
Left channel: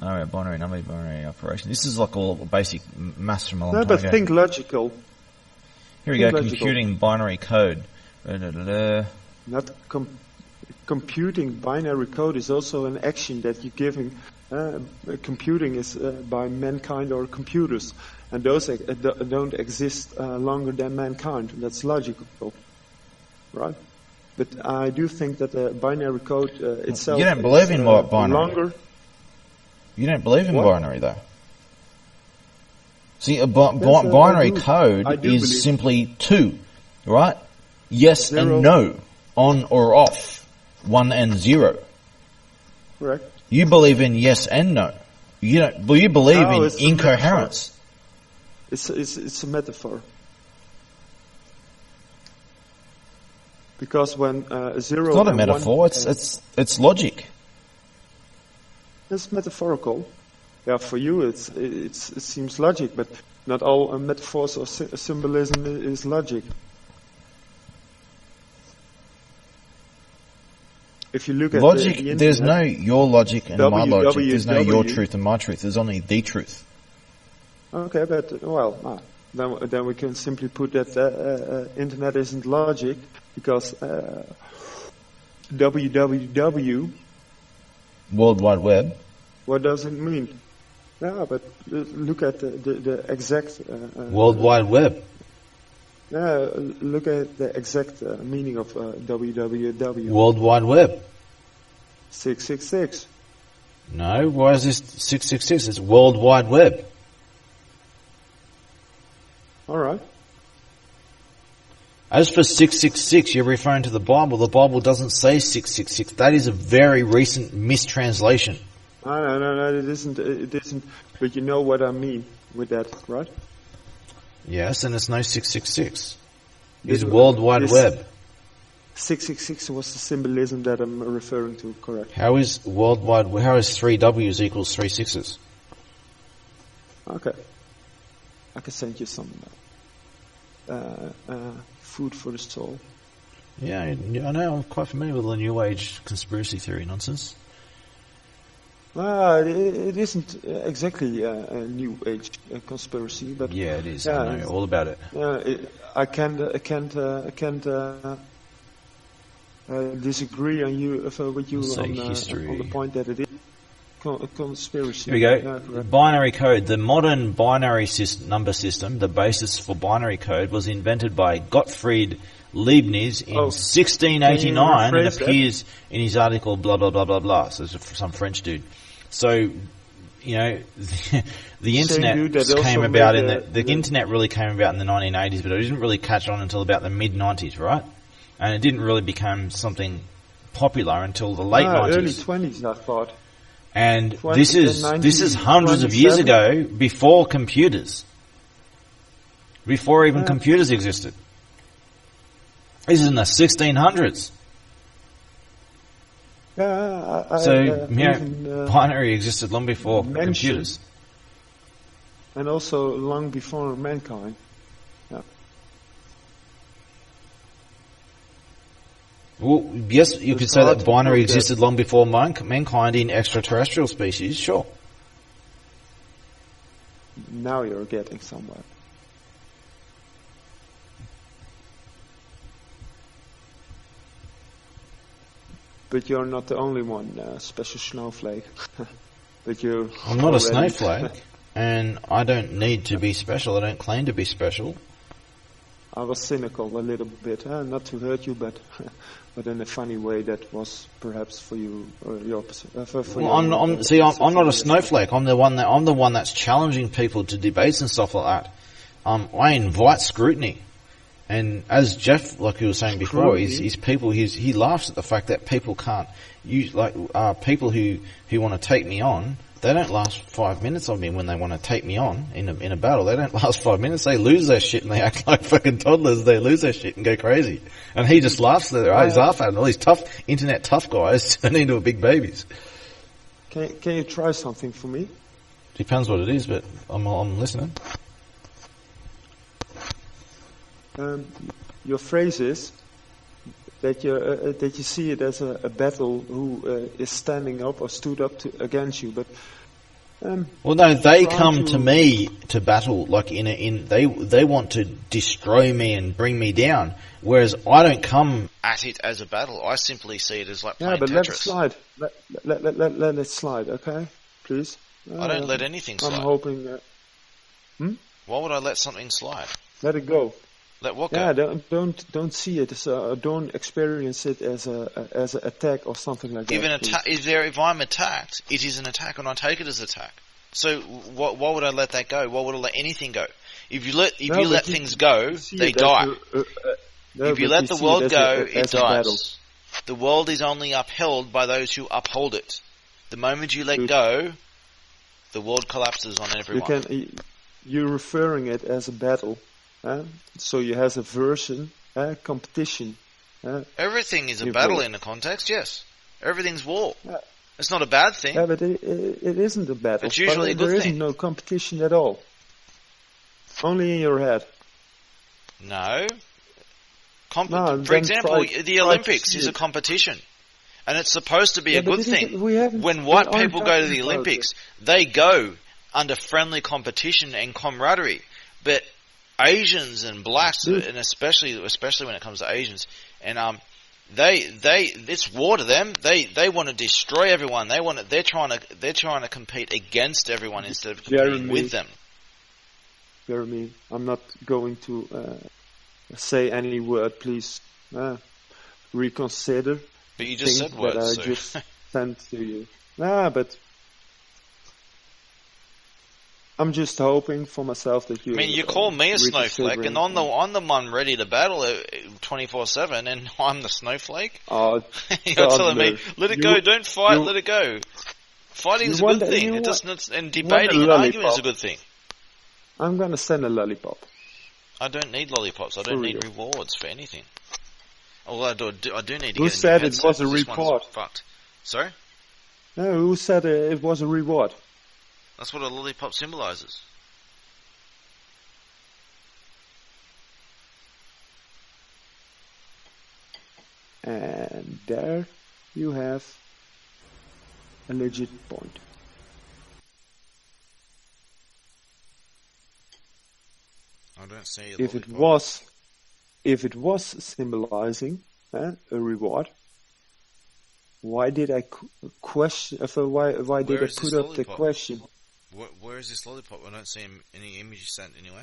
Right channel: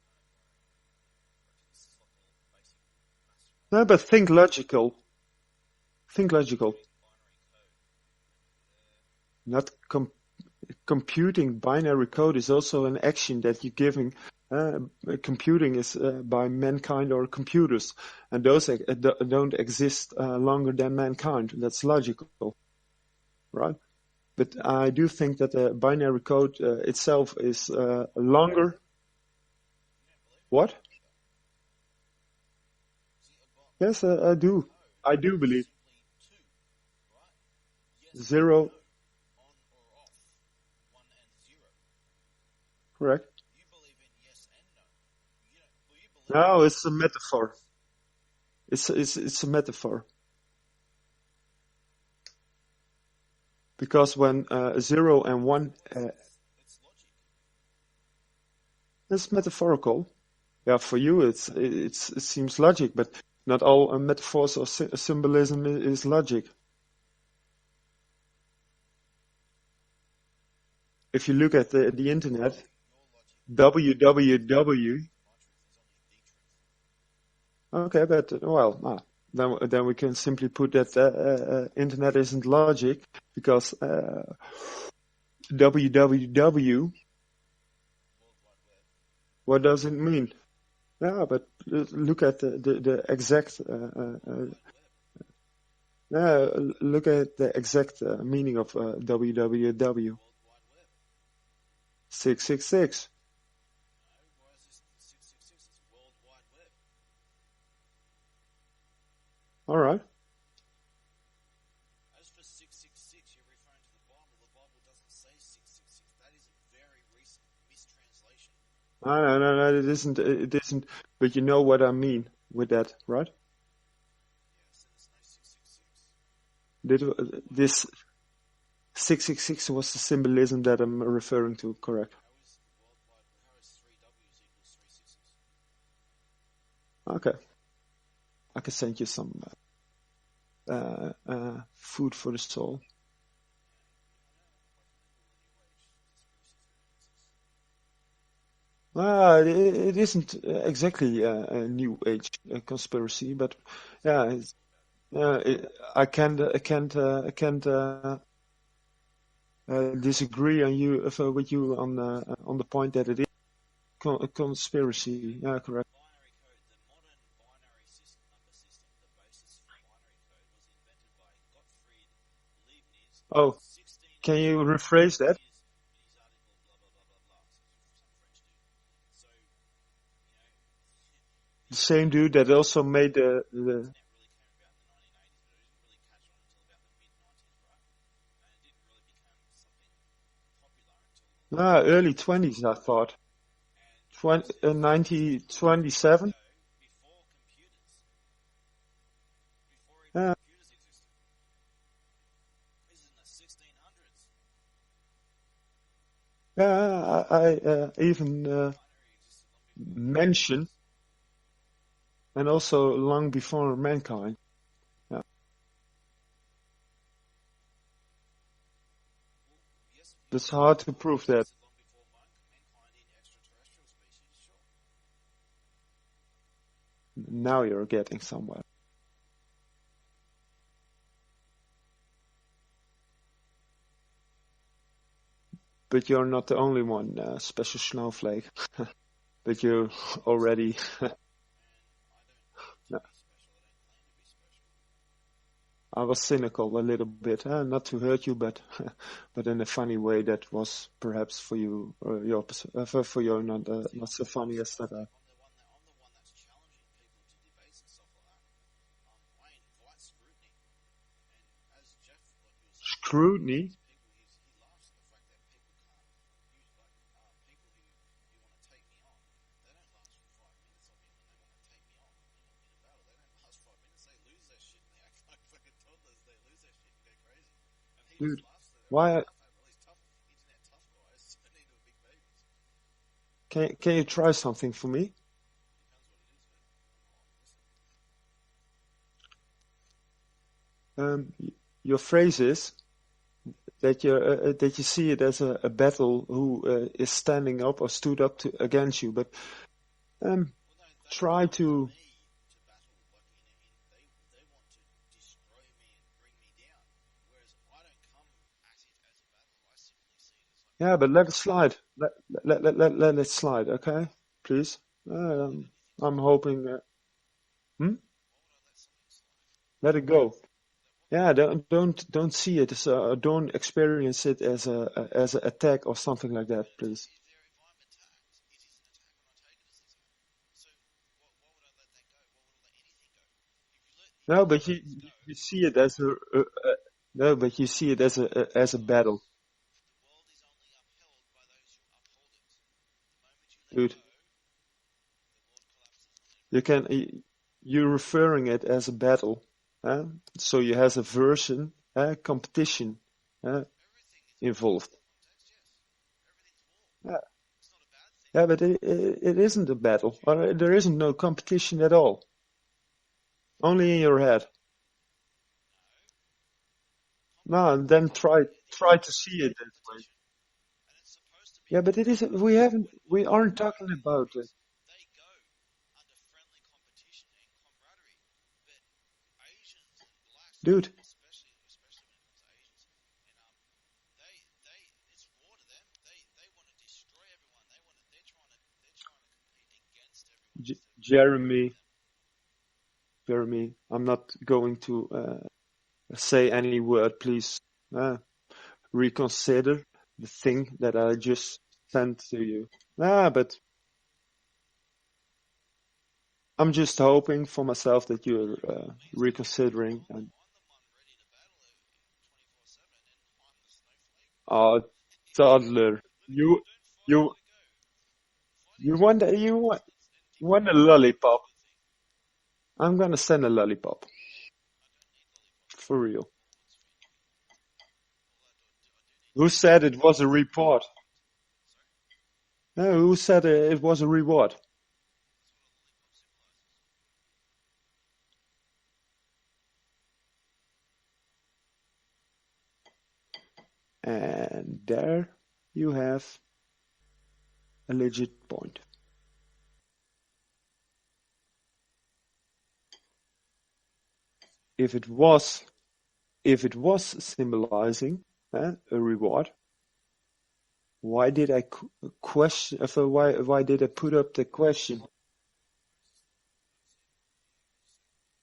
Binary number, binary operation. This is like all basic maths from a long No, time but ago. think logical. Here we think go. logical. Computing binary code. Not computing binary code is also an action that you're giving. Computing is by mankind or computers, and those don't exist longer than mankind. That's logical, right? But I do think that the binary code itself You don't believe is in binary. longer. You don't believe in What? binary, though. See, a Yes, I binary do. code I do is believe. simply two, right? Yes Zero. and no, on or off, 1 and 0. Correct. You believe in yes and no. You don't. Well, you believe No, in it's a incoherence. It's a metaphor. Because when zero It's not a and metaphor. one, It's logic. it's metaphorical. Yeah, for you it seems logic, but not all metaphors or symbolism is logic. If you look at Logic. the There's no internet, your logic and my logic. There's no your www. truth and my truth. There's only the truth. Okay, but well, then we can simply put that internet isn't logic because www. World Wide Web. What does it mean? Yeah, but look at the exact. World Wide Web. Look at the exact meaning of www. World Wide Web. 666. No, why is this 666? It's World Wide Web. All right. As for 666, you're referring to the Bible. The Bible doesn't say 666. That is a very recent mistranslation. No, it isn't. It isn't. But you know what I mean with that, right? Yes, and it's no 666. This- It's World Wide this- Web. 666 was the symbolism that I'm referring to, correct? How is World Wide? How is 3 W's equals 3 6s? Okay. I can send you some food for the soul. Yeah, I know. I'm quite familiar with the New Age conspiracy theory nonsense. It isn't exactly a new age conspiracy, but Yeah, it is. Yeah, I know it's- all about it. I can't disagree with you Say on history. the point that it is a conspiracy. Here we go. Yeah, correct. Binary code. The modern binary number system, the basis for binary code, was invented by Gottfried Leibniz in Oh, 1689 and rephrase that? appears in his article blah blah blah blah blah. So it's some French dude. So, you know, the Same internet dude that also came about made in the- the internet really came about in the 1980s, but it didn't really catch on until about the mid 90s, right? And it didn't really become something popular until the late 90s. Early 20s, I thought. And 20 this is 90, hundreds of years 27? ago, before computers, before even Yeah. computers existed. This is in the 1600s. Yeah, So yeah, even binary existed long before mentioned- computers. and also long before mankind. Yeah. Well, yes, you It's could say hard that to binary prove that. existed long before mankind in extraterrestrial species. Sure. Now you're getting somewhere. But you're not the only one, special snowflake. But you I'm not a already snowflake, and I don't need to be special. I don't claim to be special. I was cynical a little bit, not to hurt you, but but in a funny way that was perhaps for you the opposite. For Well, you, I'm not a snowflake. I'm the one that's challenging people to debates and stuff like that. I invite scrutiny, and as Jeff, like he was saying before, he laughs at the fact that people can't use people who want to take me on. They don't last 5 minutes on me when they want to take me on in a battle. They don't last 5 minutes. They lose their shit and they act like fucking toddlers. They lose their shit and go crazy. And he just laughs at their eyes off at it. All these internet tough guys turn into big babies. Can you try something for me? Depends what it is, but I'm listening. Your phrase is that you see it as a battle who is standing up or stood up against you, but well, no, they come to me to battle like they want to destroy me and bring me down, whereas I don't come at it as a battle. I simply see it as like playing but Tetris. let it slide. Let it slide, okay, please. I don't let anything slide. I'm hoping. Why would I let something slide? Let it go. Let what go? Yeah, don't see it as don't experience it as a attack or something like that. If I'm attacked, it is an attack, and I take it as attack. So why would I let that go? Why would I let anything go? If you let things go, they die. If you let the world go, it dies. The world is only upheld by those who uphold it. The moment you let go, the world collapses on everyone. You're referring it as a battle. So you have a version, competition. Everything is a battle in the context, yes. Everything's war. Yeah. It's not a bad thing. Yeah, but it isn't a battle. It's usually a good there thing. isn't no competition at all. Only in your head. No. No, For example, the Olympics is a competition. And it's supposed to be a good thing. When white people go to the Olympics, they go under friendly competition and camaraderie. But Asians and blacks, and especially when it comes to Asians, and it's war to them. They want to destroy everyone. They're trying to compete against everyone instead of competing with them. Jeremy, I'm not going to say any word. Please reconsider but you the just thing said words, that I so. just sent to you. But I'm just hoping for myself that you. I mean, you call me a snowflake, and I'm the one ready to battle 24/7, and I'm the snowflake. Oh, You're telling me, let it go, don't fight, let it go. Fighting is a good thing, and debating and arguing is a good thing. I'm gonna send a lollipop. I don't need lollipops. I don't need rewards for anything. Although I do need to. Who said it was a reward? Sorry? No, who said it was a reward? That's what a lollipop symbolizes. And there you have a legit point. I don't see If it was symbolizing a reward, why did I question? Why did I put up the question? Where is this lollipop? I don't see any image sent anyway.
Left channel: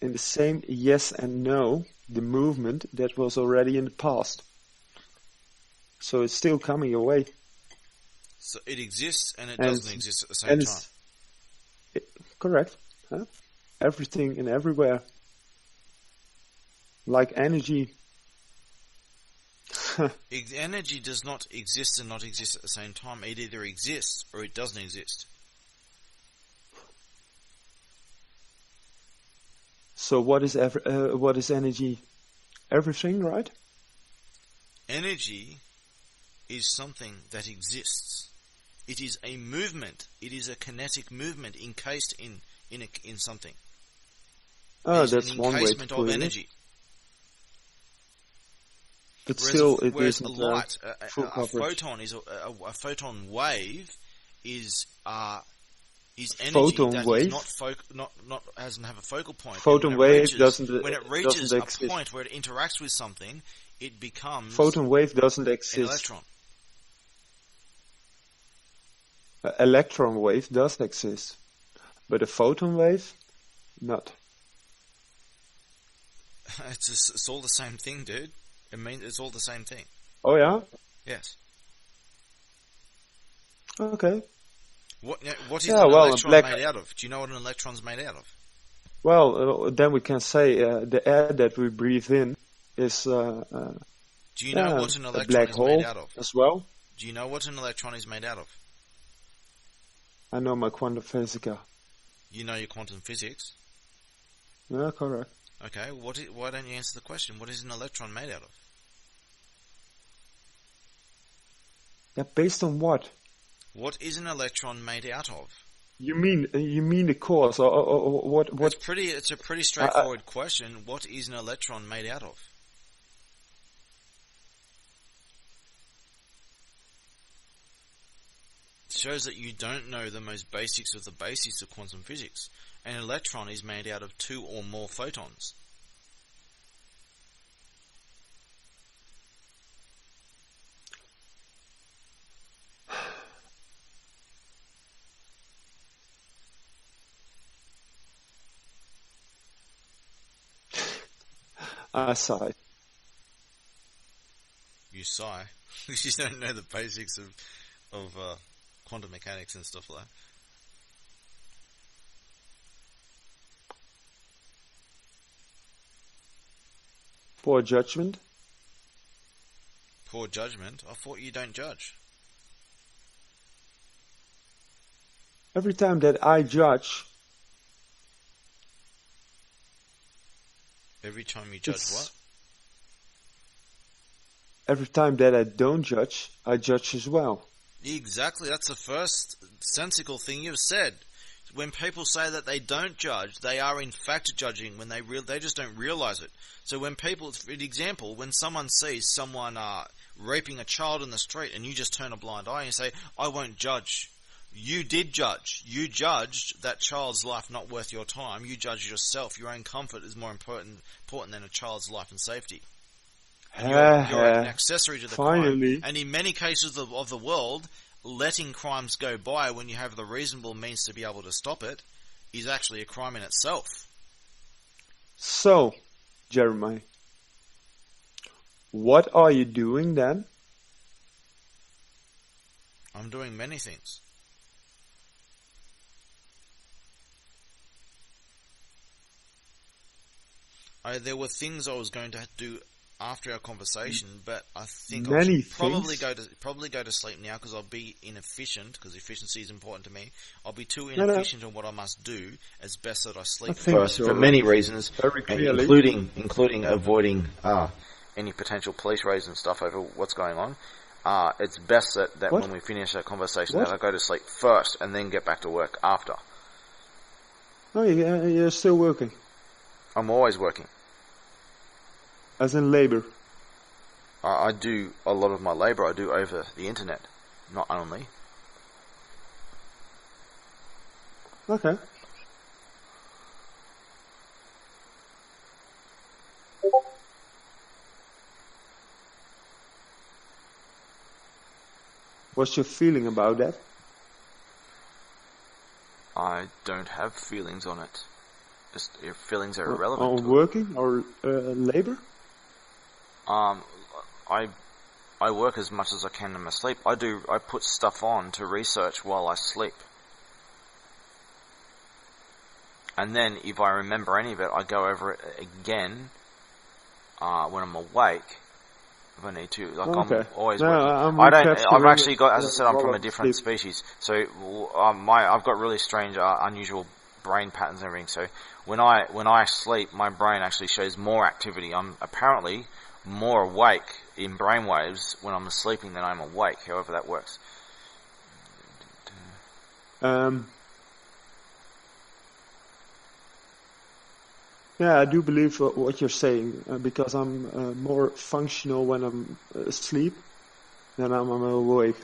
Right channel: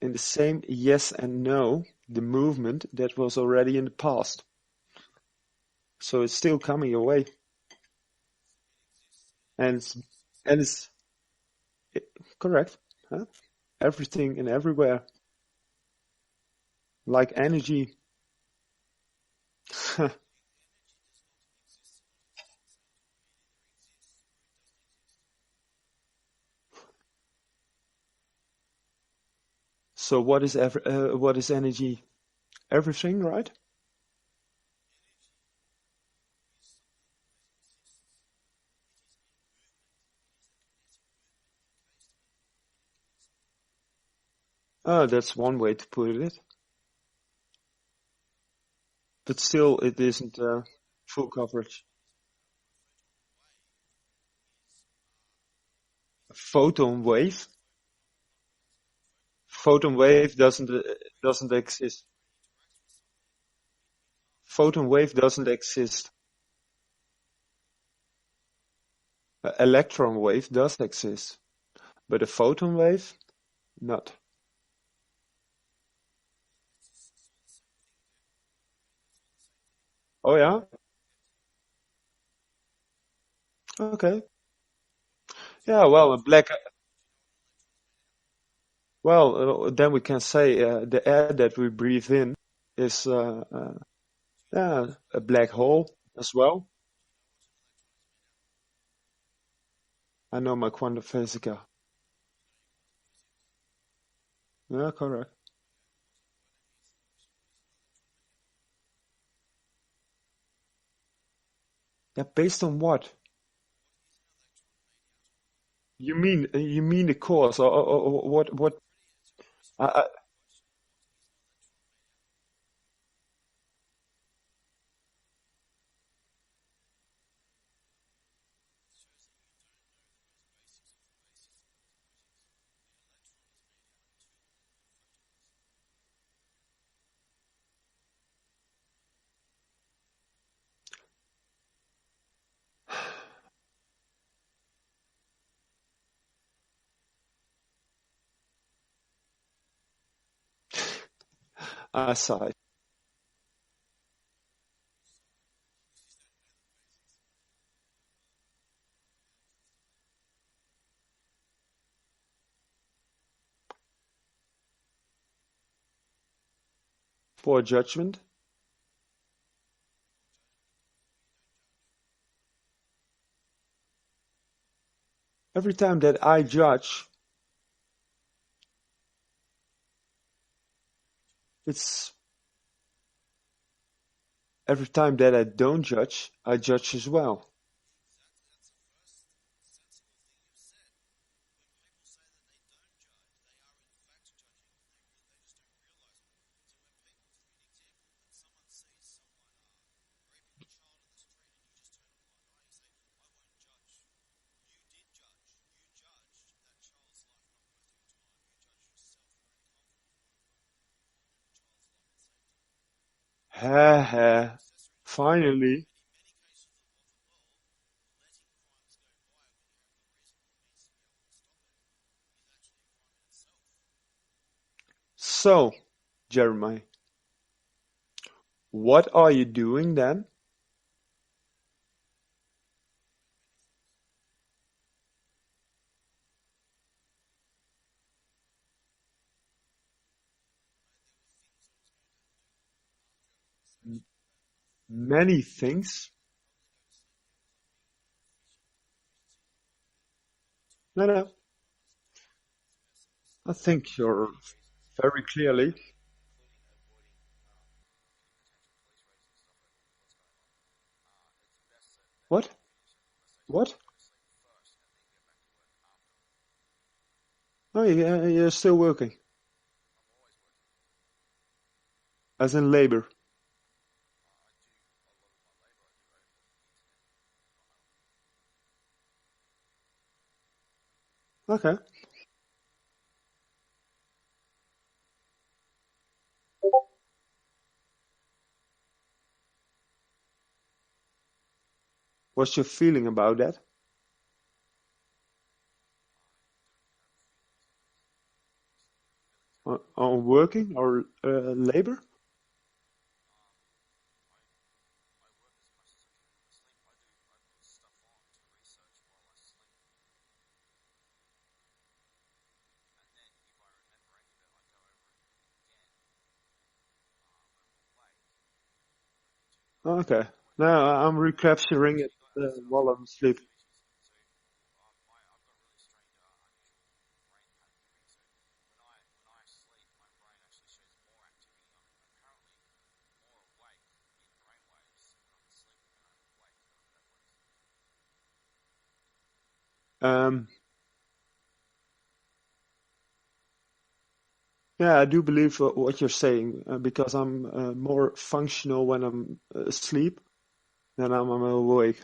In the same yes and no, the movement that was already in the past. So it's still coming your way. So it exists and it doesn't exist at the same time. Correct. Huh? Everything and everywhere. Like energy. Energy does not exist and not exist at the same time. It either exists or it doesn't exist. So what is energy? Everything, right? Energy is something that exists. It is a movement. It is a kinetic movement encased in something. Oh, that's one way to put it. But still, it isn't full coverage. A photon wave is energy photon wave doesn't have a focal point. Photon wave doesn't exist. A point where it interacts with something, it becomes photon wave doesn't exist. An electron. An electron wave does exist, but a photon wave, not. It's all the same thing, dude. It's all the same thing. Oh yeah? Yes. Okay. What is Yeah, an well, a electron black- made out of? Do you know what an electron's made out of? Well, then we can say the air that we breathe in is Do you know what an a electron black is hole made out of? as well. Do you know what an electron is made out of? I know my quantum physics. You know your quantum physics. Yeah, correct. Okay, why don't you answer the question? What is an electron made out of? Yeah, based on what? What is an electron made out of? You mean the cause or what? It's a pretty straightforward question. What is an electron made out of? It shows that you don't know the most basics of the basics of quantum physics. An electron is made out of 2 or more photons. I sigh. You sigh. You don't know the basics of quantum mechanics and stuff like that. Poor judgment. Poor judgment? I thought you don't judge. Every time that I judge, Every time you judge it's what? every time that I don't judge, I judge as well. Exactly, that's the first sensical thing you've said. When people say that they don't judge, they are in fact judging when they just don't realize it. So when people, for example, when someone sees someone raping a child in the street and you just turn a blind eye and you say, I won't judge. You did judge. You judged that child's life not worth your time. You judged yourself. Your own comfort is more important than a child's life and safety. You're an accessory to the Finally. crime. And in many cases of the world, letting crimes go by when you have the reasonable means to be able to stop it is actually a crime in itself. So, Jeremiah, what are you doing then? I'm doing many things. There were things I was going to do after our conversation, but I think Many I should things? probably go to sleep now because I'll be inefficient, because efficiency is important to me. I'll be too No, no. inefficient on what I must do. It's best that I sleep I think first you're for many reasons, very clearly. including avoiding any potential police raids and stuff over what's going on. It's best that What? when we finish our conversation What? that I go to sleep first and then get back to work after. Oh, you're still working, I'm always working. as in labor. I do a lot of my labour I do over the internet, not only. Okay. What's your feeling about that? I don't have feelings on it. Just your feelings are On irrelevant. working or labor? I work as much as I can in my sleep. I put stuff on to research while I sleep. And then if I remember any of it, I go over it again when I'm awake. If I need to, like Okay. I'm always. No, I'm I don't. I've recapturing actually got, as I said, I'm while from a I'm different asleep. species. So I've got really strange, unusual brain patterns and everything. So when I sleep, my brain actually shows more activity. I'm apparently more awake in brainwaves when I'm sleeping than I'm awake. However that works. Yeah, I do believe what you're saying because I'm more functional when I'm asleep than I'm awake.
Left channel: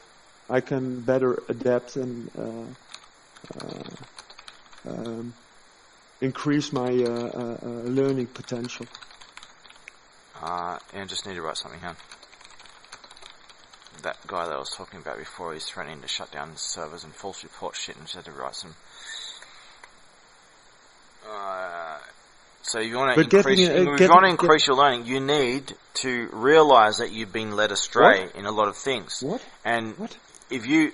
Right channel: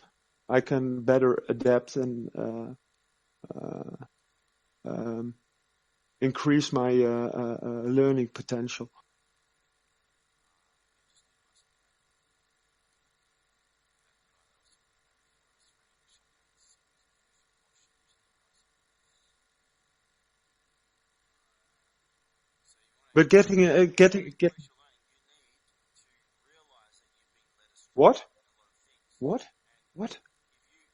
I can better adapt and increase my learning potential. And just need to write something down. that guy that I was talking about before, he's threatening to shut down servers and false report shit and just had to write some. So if you want to increase your learning, you need to realize that you've been led astray in a lot of things. What? And What? if you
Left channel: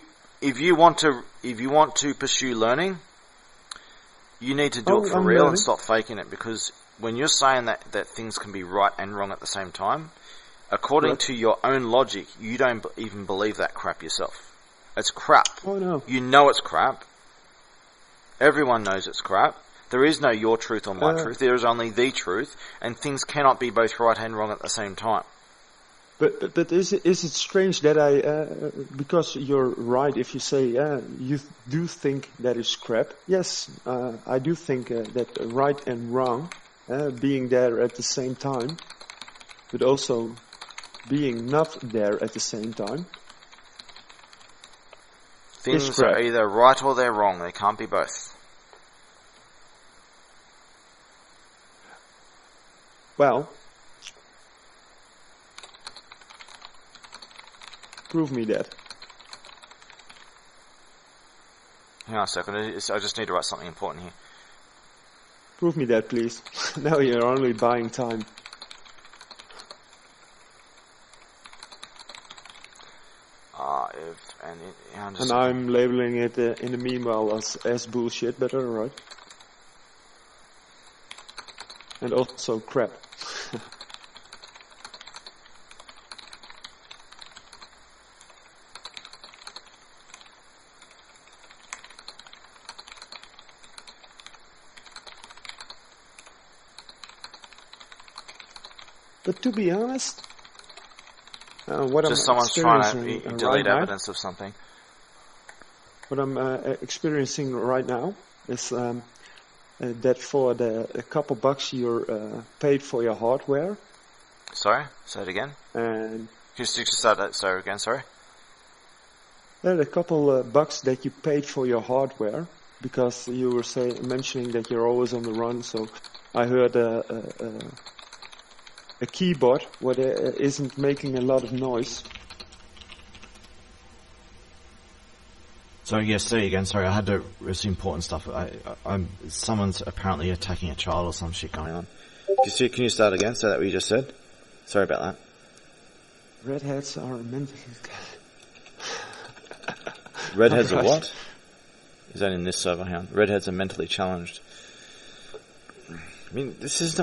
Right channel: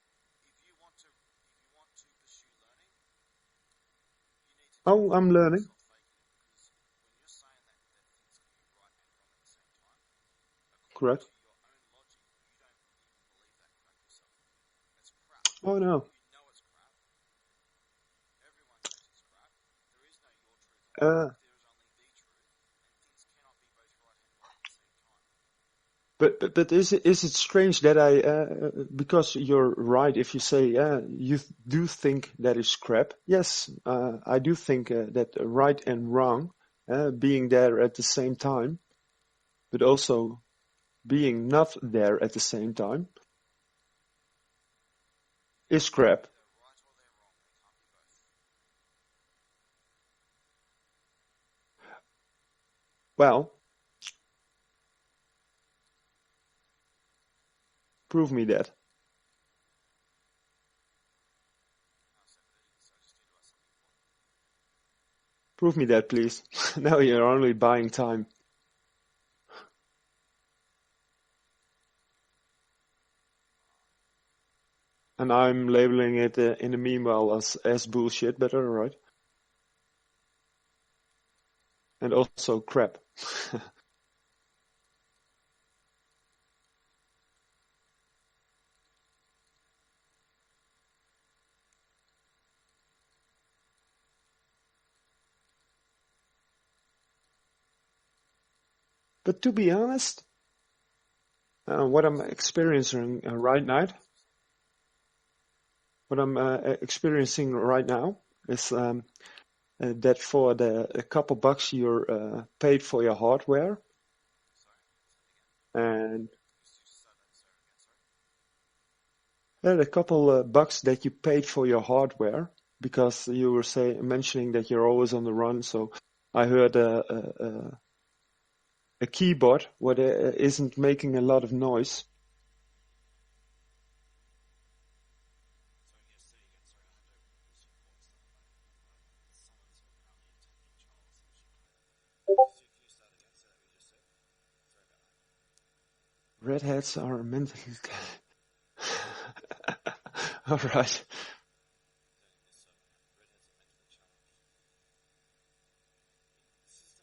want to pursue learning, you need to do it for I'm real learning. and stop faking it, because when you're saying that things can be right and wrong at the same time, according Correct. to your own logic, you don't even believe that crap yourself. It's crap. Oh no. You know it's crap. Everyone knows it's crap. There is no your truth or my truth. There is only the truth, and things cannot be both right and wrong at the same time. But is it strange that because you're right if you say you do think that is crap? Yes, I do think that right and wrong being there at the same time, but also being not there at the same time. Things crap. are either right or they're wrong. They can't be both. Well, prove me that. Hang on a second. I just need to write something important here. Prove me that, please. Now you're only buying time. And I'm labeling it in the meanwhile as bullshit, but alright. And also crap. But to be honest, what just I'm experiencing right now, evidence of something. what I'm experiencing right now is that for a couple bucks you're paid for your hardware. Sorry, say it again. And Just start that. Sorry again. Sorry. there are a couple bucks that you paid for your hardware because you were mentioning that you're always on the run. So I heard a keyboard what isn't making a lot of noise. So yes, say again. Sorry, I had to. It's important stuff. Someone's apparently attacking a child or some shit going on. Can you start again? Say that what you just said. Sorry about that. Redheads are mentally. Redheads are Alright. what? Is that in this server? Hang on. Redheads are mentally challenged. I mean, this is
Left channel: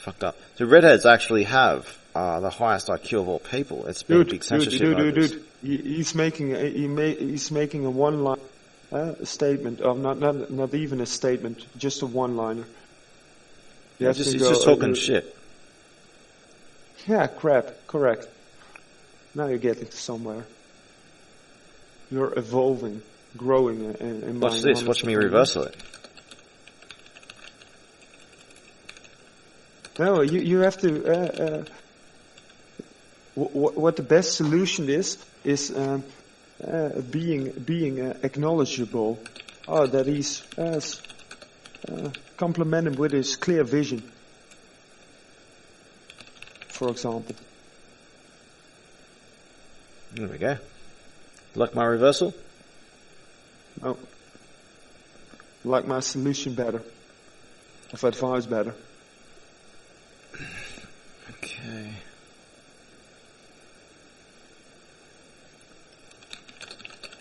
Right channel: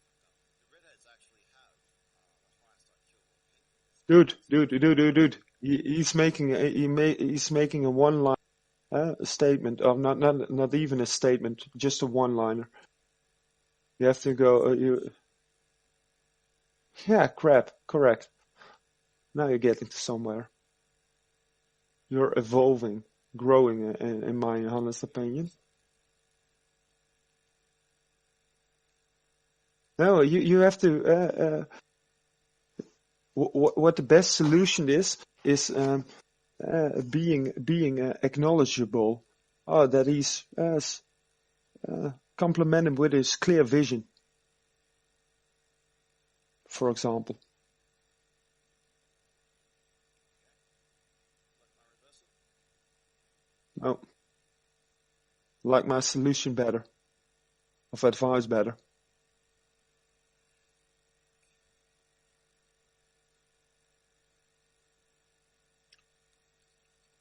fucked up. So redheads actually have the highest IQ of all people. It's been a big censorship over this. Dude. He's making a one-line statement, of not even a statement, just a one-liner. You have to He's go. just talking shit. Yeah, crap. Correct. Now you're getting to somewhere. You're evolving, growing in my Watch this. Watch me reversal it. No, you have to. What the best solution is being acknowledgeable. Oh, that he's compliment him with his clear vision, for example. There we go. Like my reversal? No, like my solution better, of advice better. Okay.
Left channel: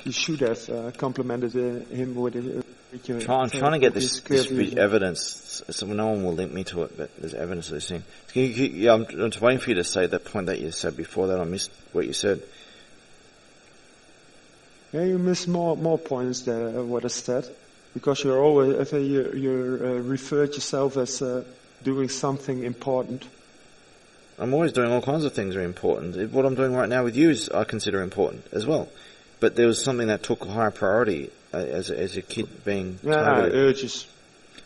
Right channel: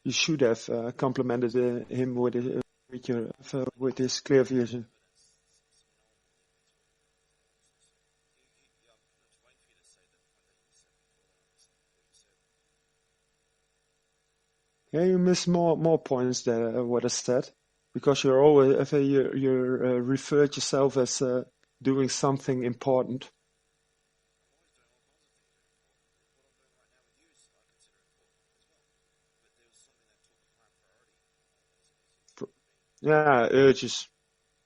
You should have complimented him with your. I'm trying to get this vision. evidence, so no one will link me to it, but there's evidence of this thing. I'm just waiting for you to say that point that you said before that. I missed what you said. Yeah, you miss more points than what I said, because you're always you referred yourself as doing something important. I'm always doing all kinds of things that are important. What I'm doing right now with you is I consider important as well. But there was something that took a higher priority as a kid being. Urges.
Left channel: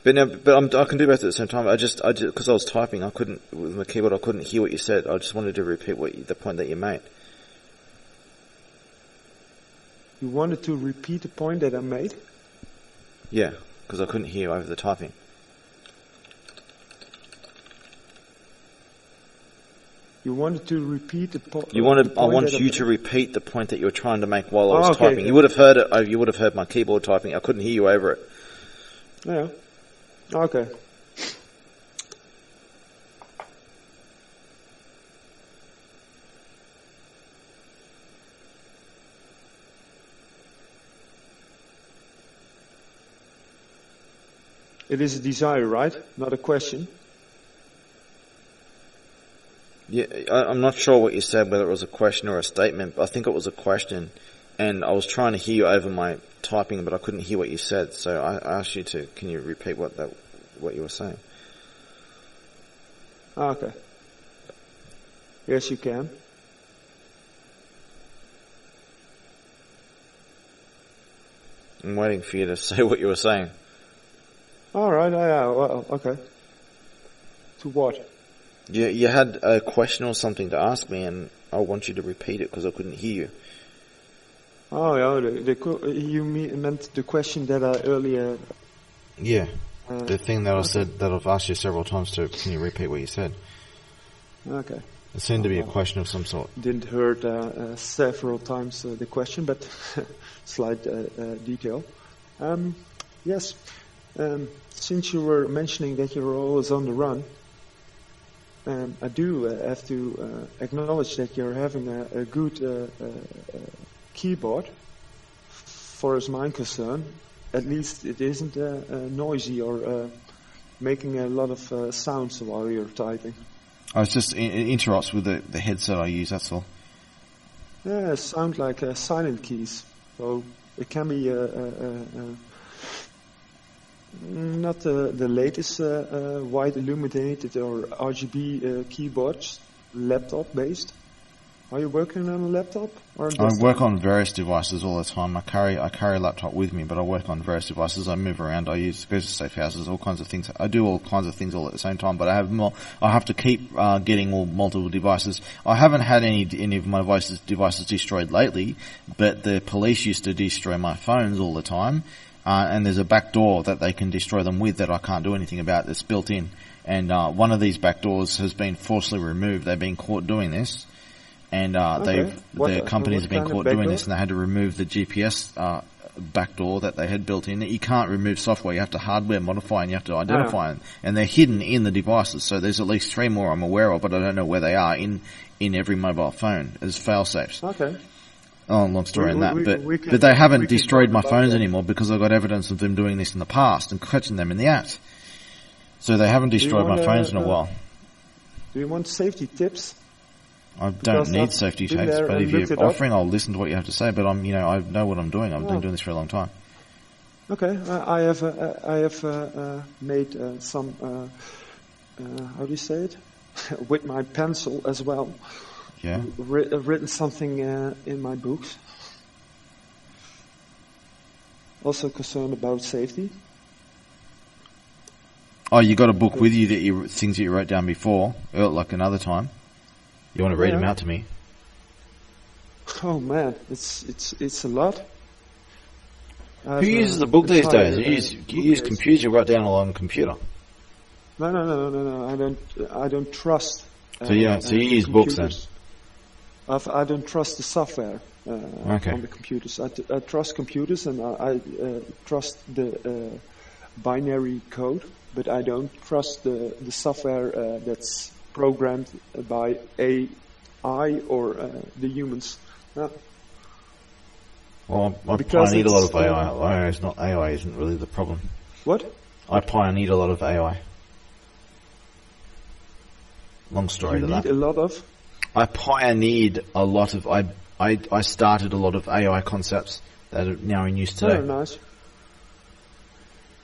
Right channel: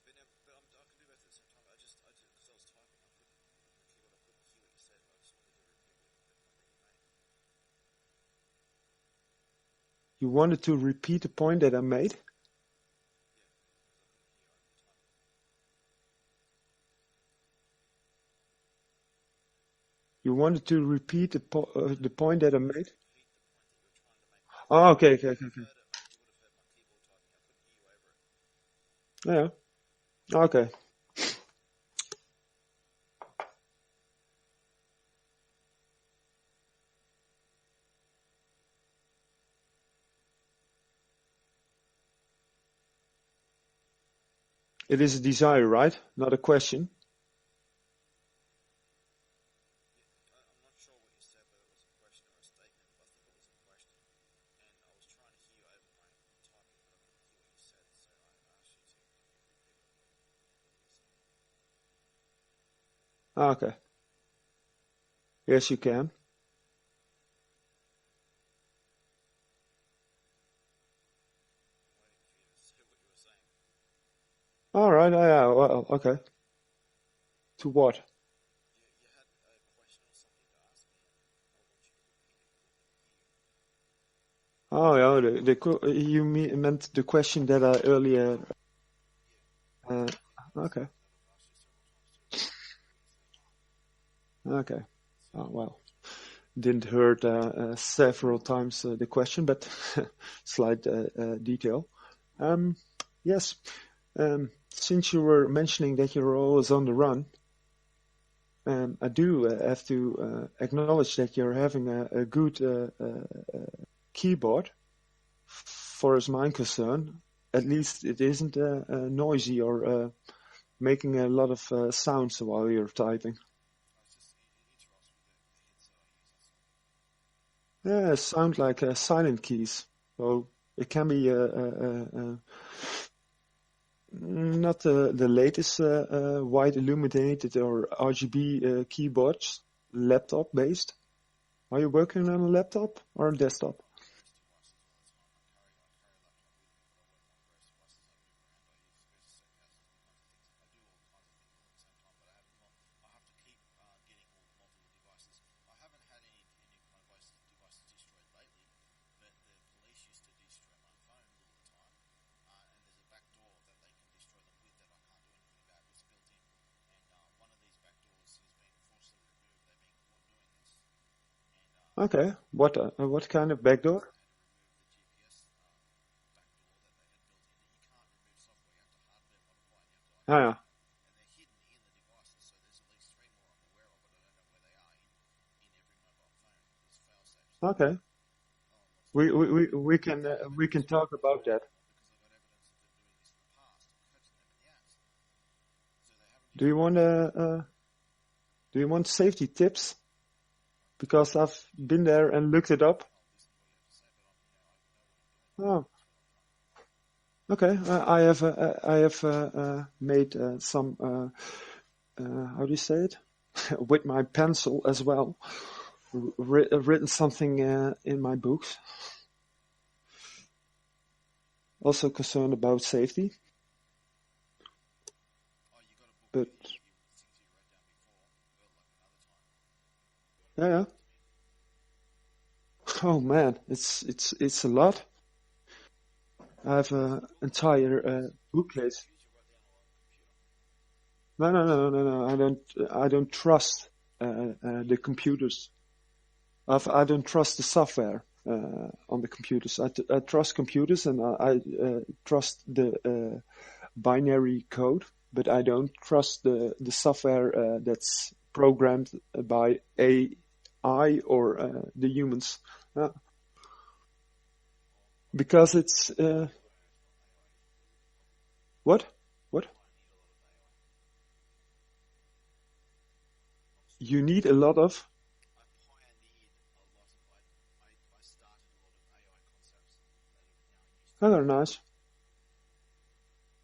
But I can do both at the same time. I just because I was typing, I couldn't with my keyboard. I couldn't hear what you said. I just wanted to repeat the point that you made. You wanted to repeat the point that I made? Yeah, because I couldn't hear over the typing. You wanted to repeat the, I want you to repeat the point that you were trying to make while I was typing. Okay. You would have heard it. You would have heard my keyboard typing. I couldn't hear you over it. Yeah. Okay. It is a desire, right? Not a question. Yeah, I'm not sure what you said, whether it was a question or a statement, but I think it was a question. And I was trying to hear you over my typing, but I couldn't hear what you said. So I asked you to, can you repeat what you were saying? Okay. Yes, you can. I'm waiting for you to say what you were saying. All right. Yeah. Well, okay. To what? You had a question or something to ask me, and I want you to repeat it because I couldn't hear you. Oh, yeah. You meant the question that I earlier. Yeah. The thing that I said that I've asked you several times to, can you repeat what you said? Okay. It seemed to be a question of some sort. Didn't heard several times the question, but slight detail. Yes. Since you were mentioning that you're always on the run, I do have to acknowledge that you're having a good keyboard, for as mine concerned. At least it isn't noisy or making a lot of sounds while you're typing. Oh, it's just it interrupts with the headset I use, that's all. Yeah, it sounds like silent keys. So it can be not the latest white illuminated or RGB keyboards, laptop based. Are you working on a laptop or a desktop? I work on various devices all the time. I carry a laptop with me, but I work on various devices. I move around. I go to safe houses, all kinds of things. I do all kinds of things all at the same time. But I have to keep getting all multiple devices. I haven't had any of my devices destroyed lately, but the police used to destroy my phones all the time. And there's a back door that they can destroy them with that I can't do anything about. That's built in. And one of these back doors has been forcibly removed. They've been caught doing this. And the company's been caught doing this, and they had to remove the GPS backdoor that they had built in. You can't remove software; you have to hardware modify, and you have to identify them. And they're hidden in the devices. So there's at least 3 more I'm aware of, but I don't know where they are in every mobile phone as fail-safes. Okay. Oh, long story on that. But they haven't destroyed my phones anymore because I've got evidence of them doing this in the past and catching them in the act. So they haven't destroyed my phones in a while. Do you want safety tips? I don't need safety tapes, but if you're offering, I'll listen to what you have to say. But I know what I'm doing. I've been doing this for a long time. Okay, I have made some. How do you say it? With my pencil as well. Yeah. Written something in my books. Also concerned about safety. Oh, you got a book with you that things that you wrote down before, like another time. You want to read them out to me? Oh man, it's a lot. Who uses a book these days? You use computers. You write down a lot on a computer. No. I don't trust. So you use books then? I don't trust the software on the computers. I trust computers and I trust the binary code, but I don't trust the software that's programmed by AI or the humans. Well, I pioneered a lot of AI. AI isn't really the problem. What? I pioneered a lot of AI. Long story. You need a lot of? I pioneered a lot of. I started a lot of AI concepts that are now in use today. Oh, nice.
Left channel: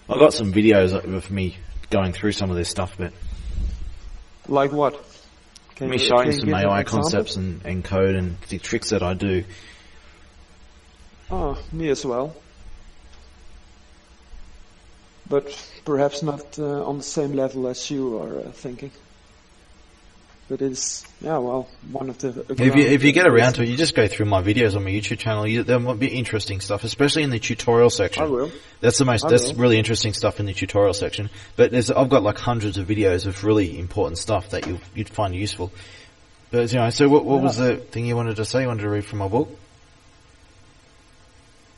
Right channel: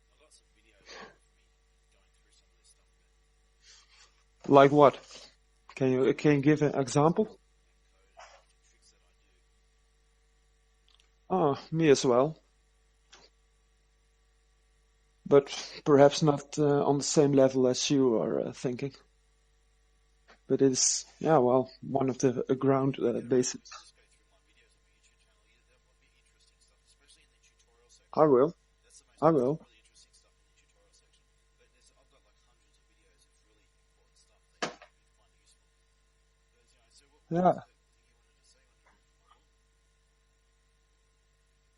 I got some videos of me going through some of this stuff, but. Like what? Can you showing some give AI concepts and code and the tricks that I do. Oh, me as well. But perhaps not on the same level as you are thinking. But it's, one of the... If you get around to it, you just go through my videos on my YouTube channel. There might be interesting stuff, especially in the tutorial section. I will. That's really interesting stuff in the tutorial section. But I've got like hundreds of videos of really important stuff that you'd find useful. But so what was the thing you wanted to say? You wanted to read from my book?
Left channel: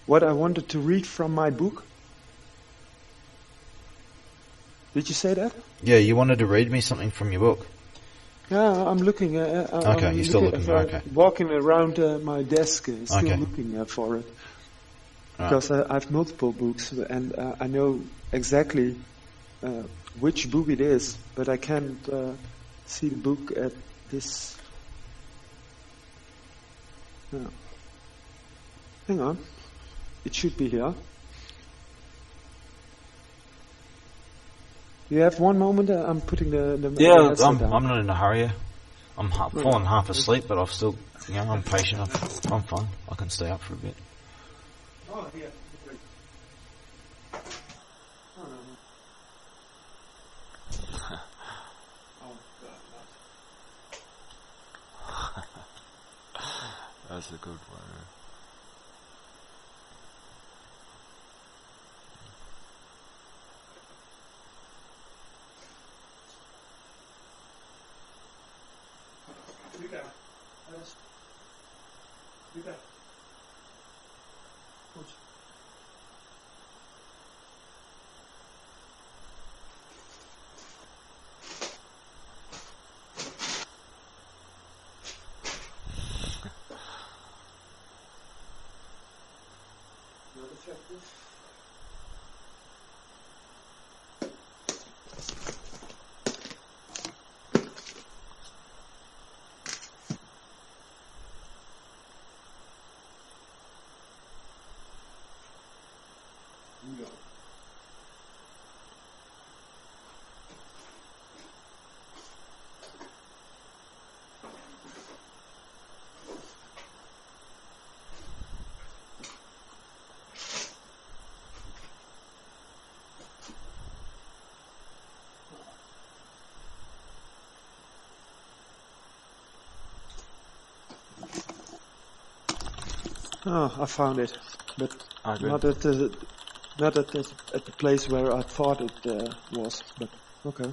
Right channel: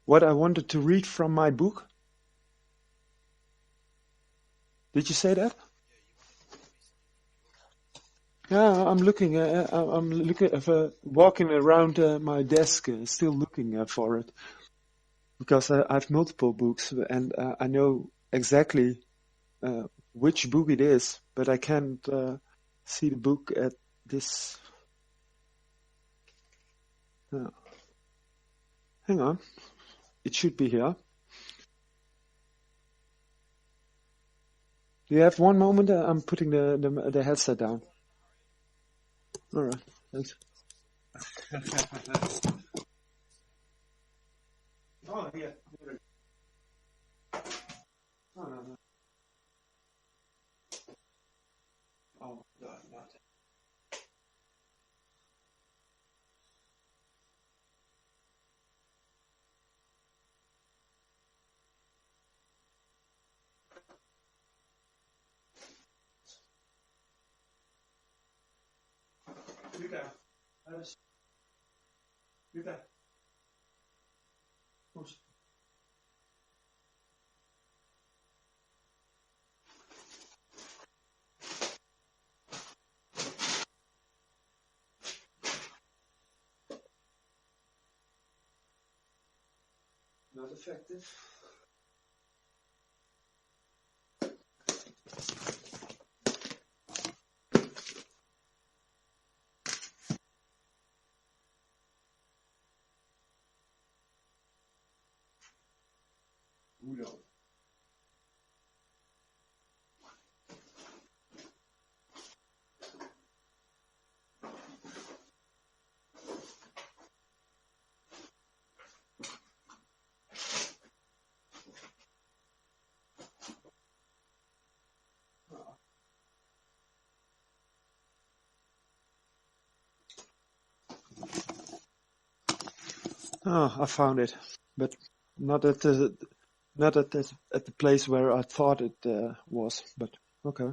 What I wanted to read from my book? Did you say that? Yeah, you wanted to read me something from your book. Yeah, I'm looking. Okay, I'm you're still looking, okay. walking around my desk, still Okay. looking for it. Right. Because I have multiple books, and I know exactly which book it is, but I can't see the book at this. No. Hang on, it should be here. Do you have one moment? I'm putting the headset down. I'm not in a hurry. I'm falling half asleep, but I've still, I'm patient. I'm fine. I can stay up for a bit. Oh, yeah. Oh, no. Oh, God, not. That's a good one. Luca. Goed. Not effective. No. Oh, I found it, but not at the place where I thought it was. But okay.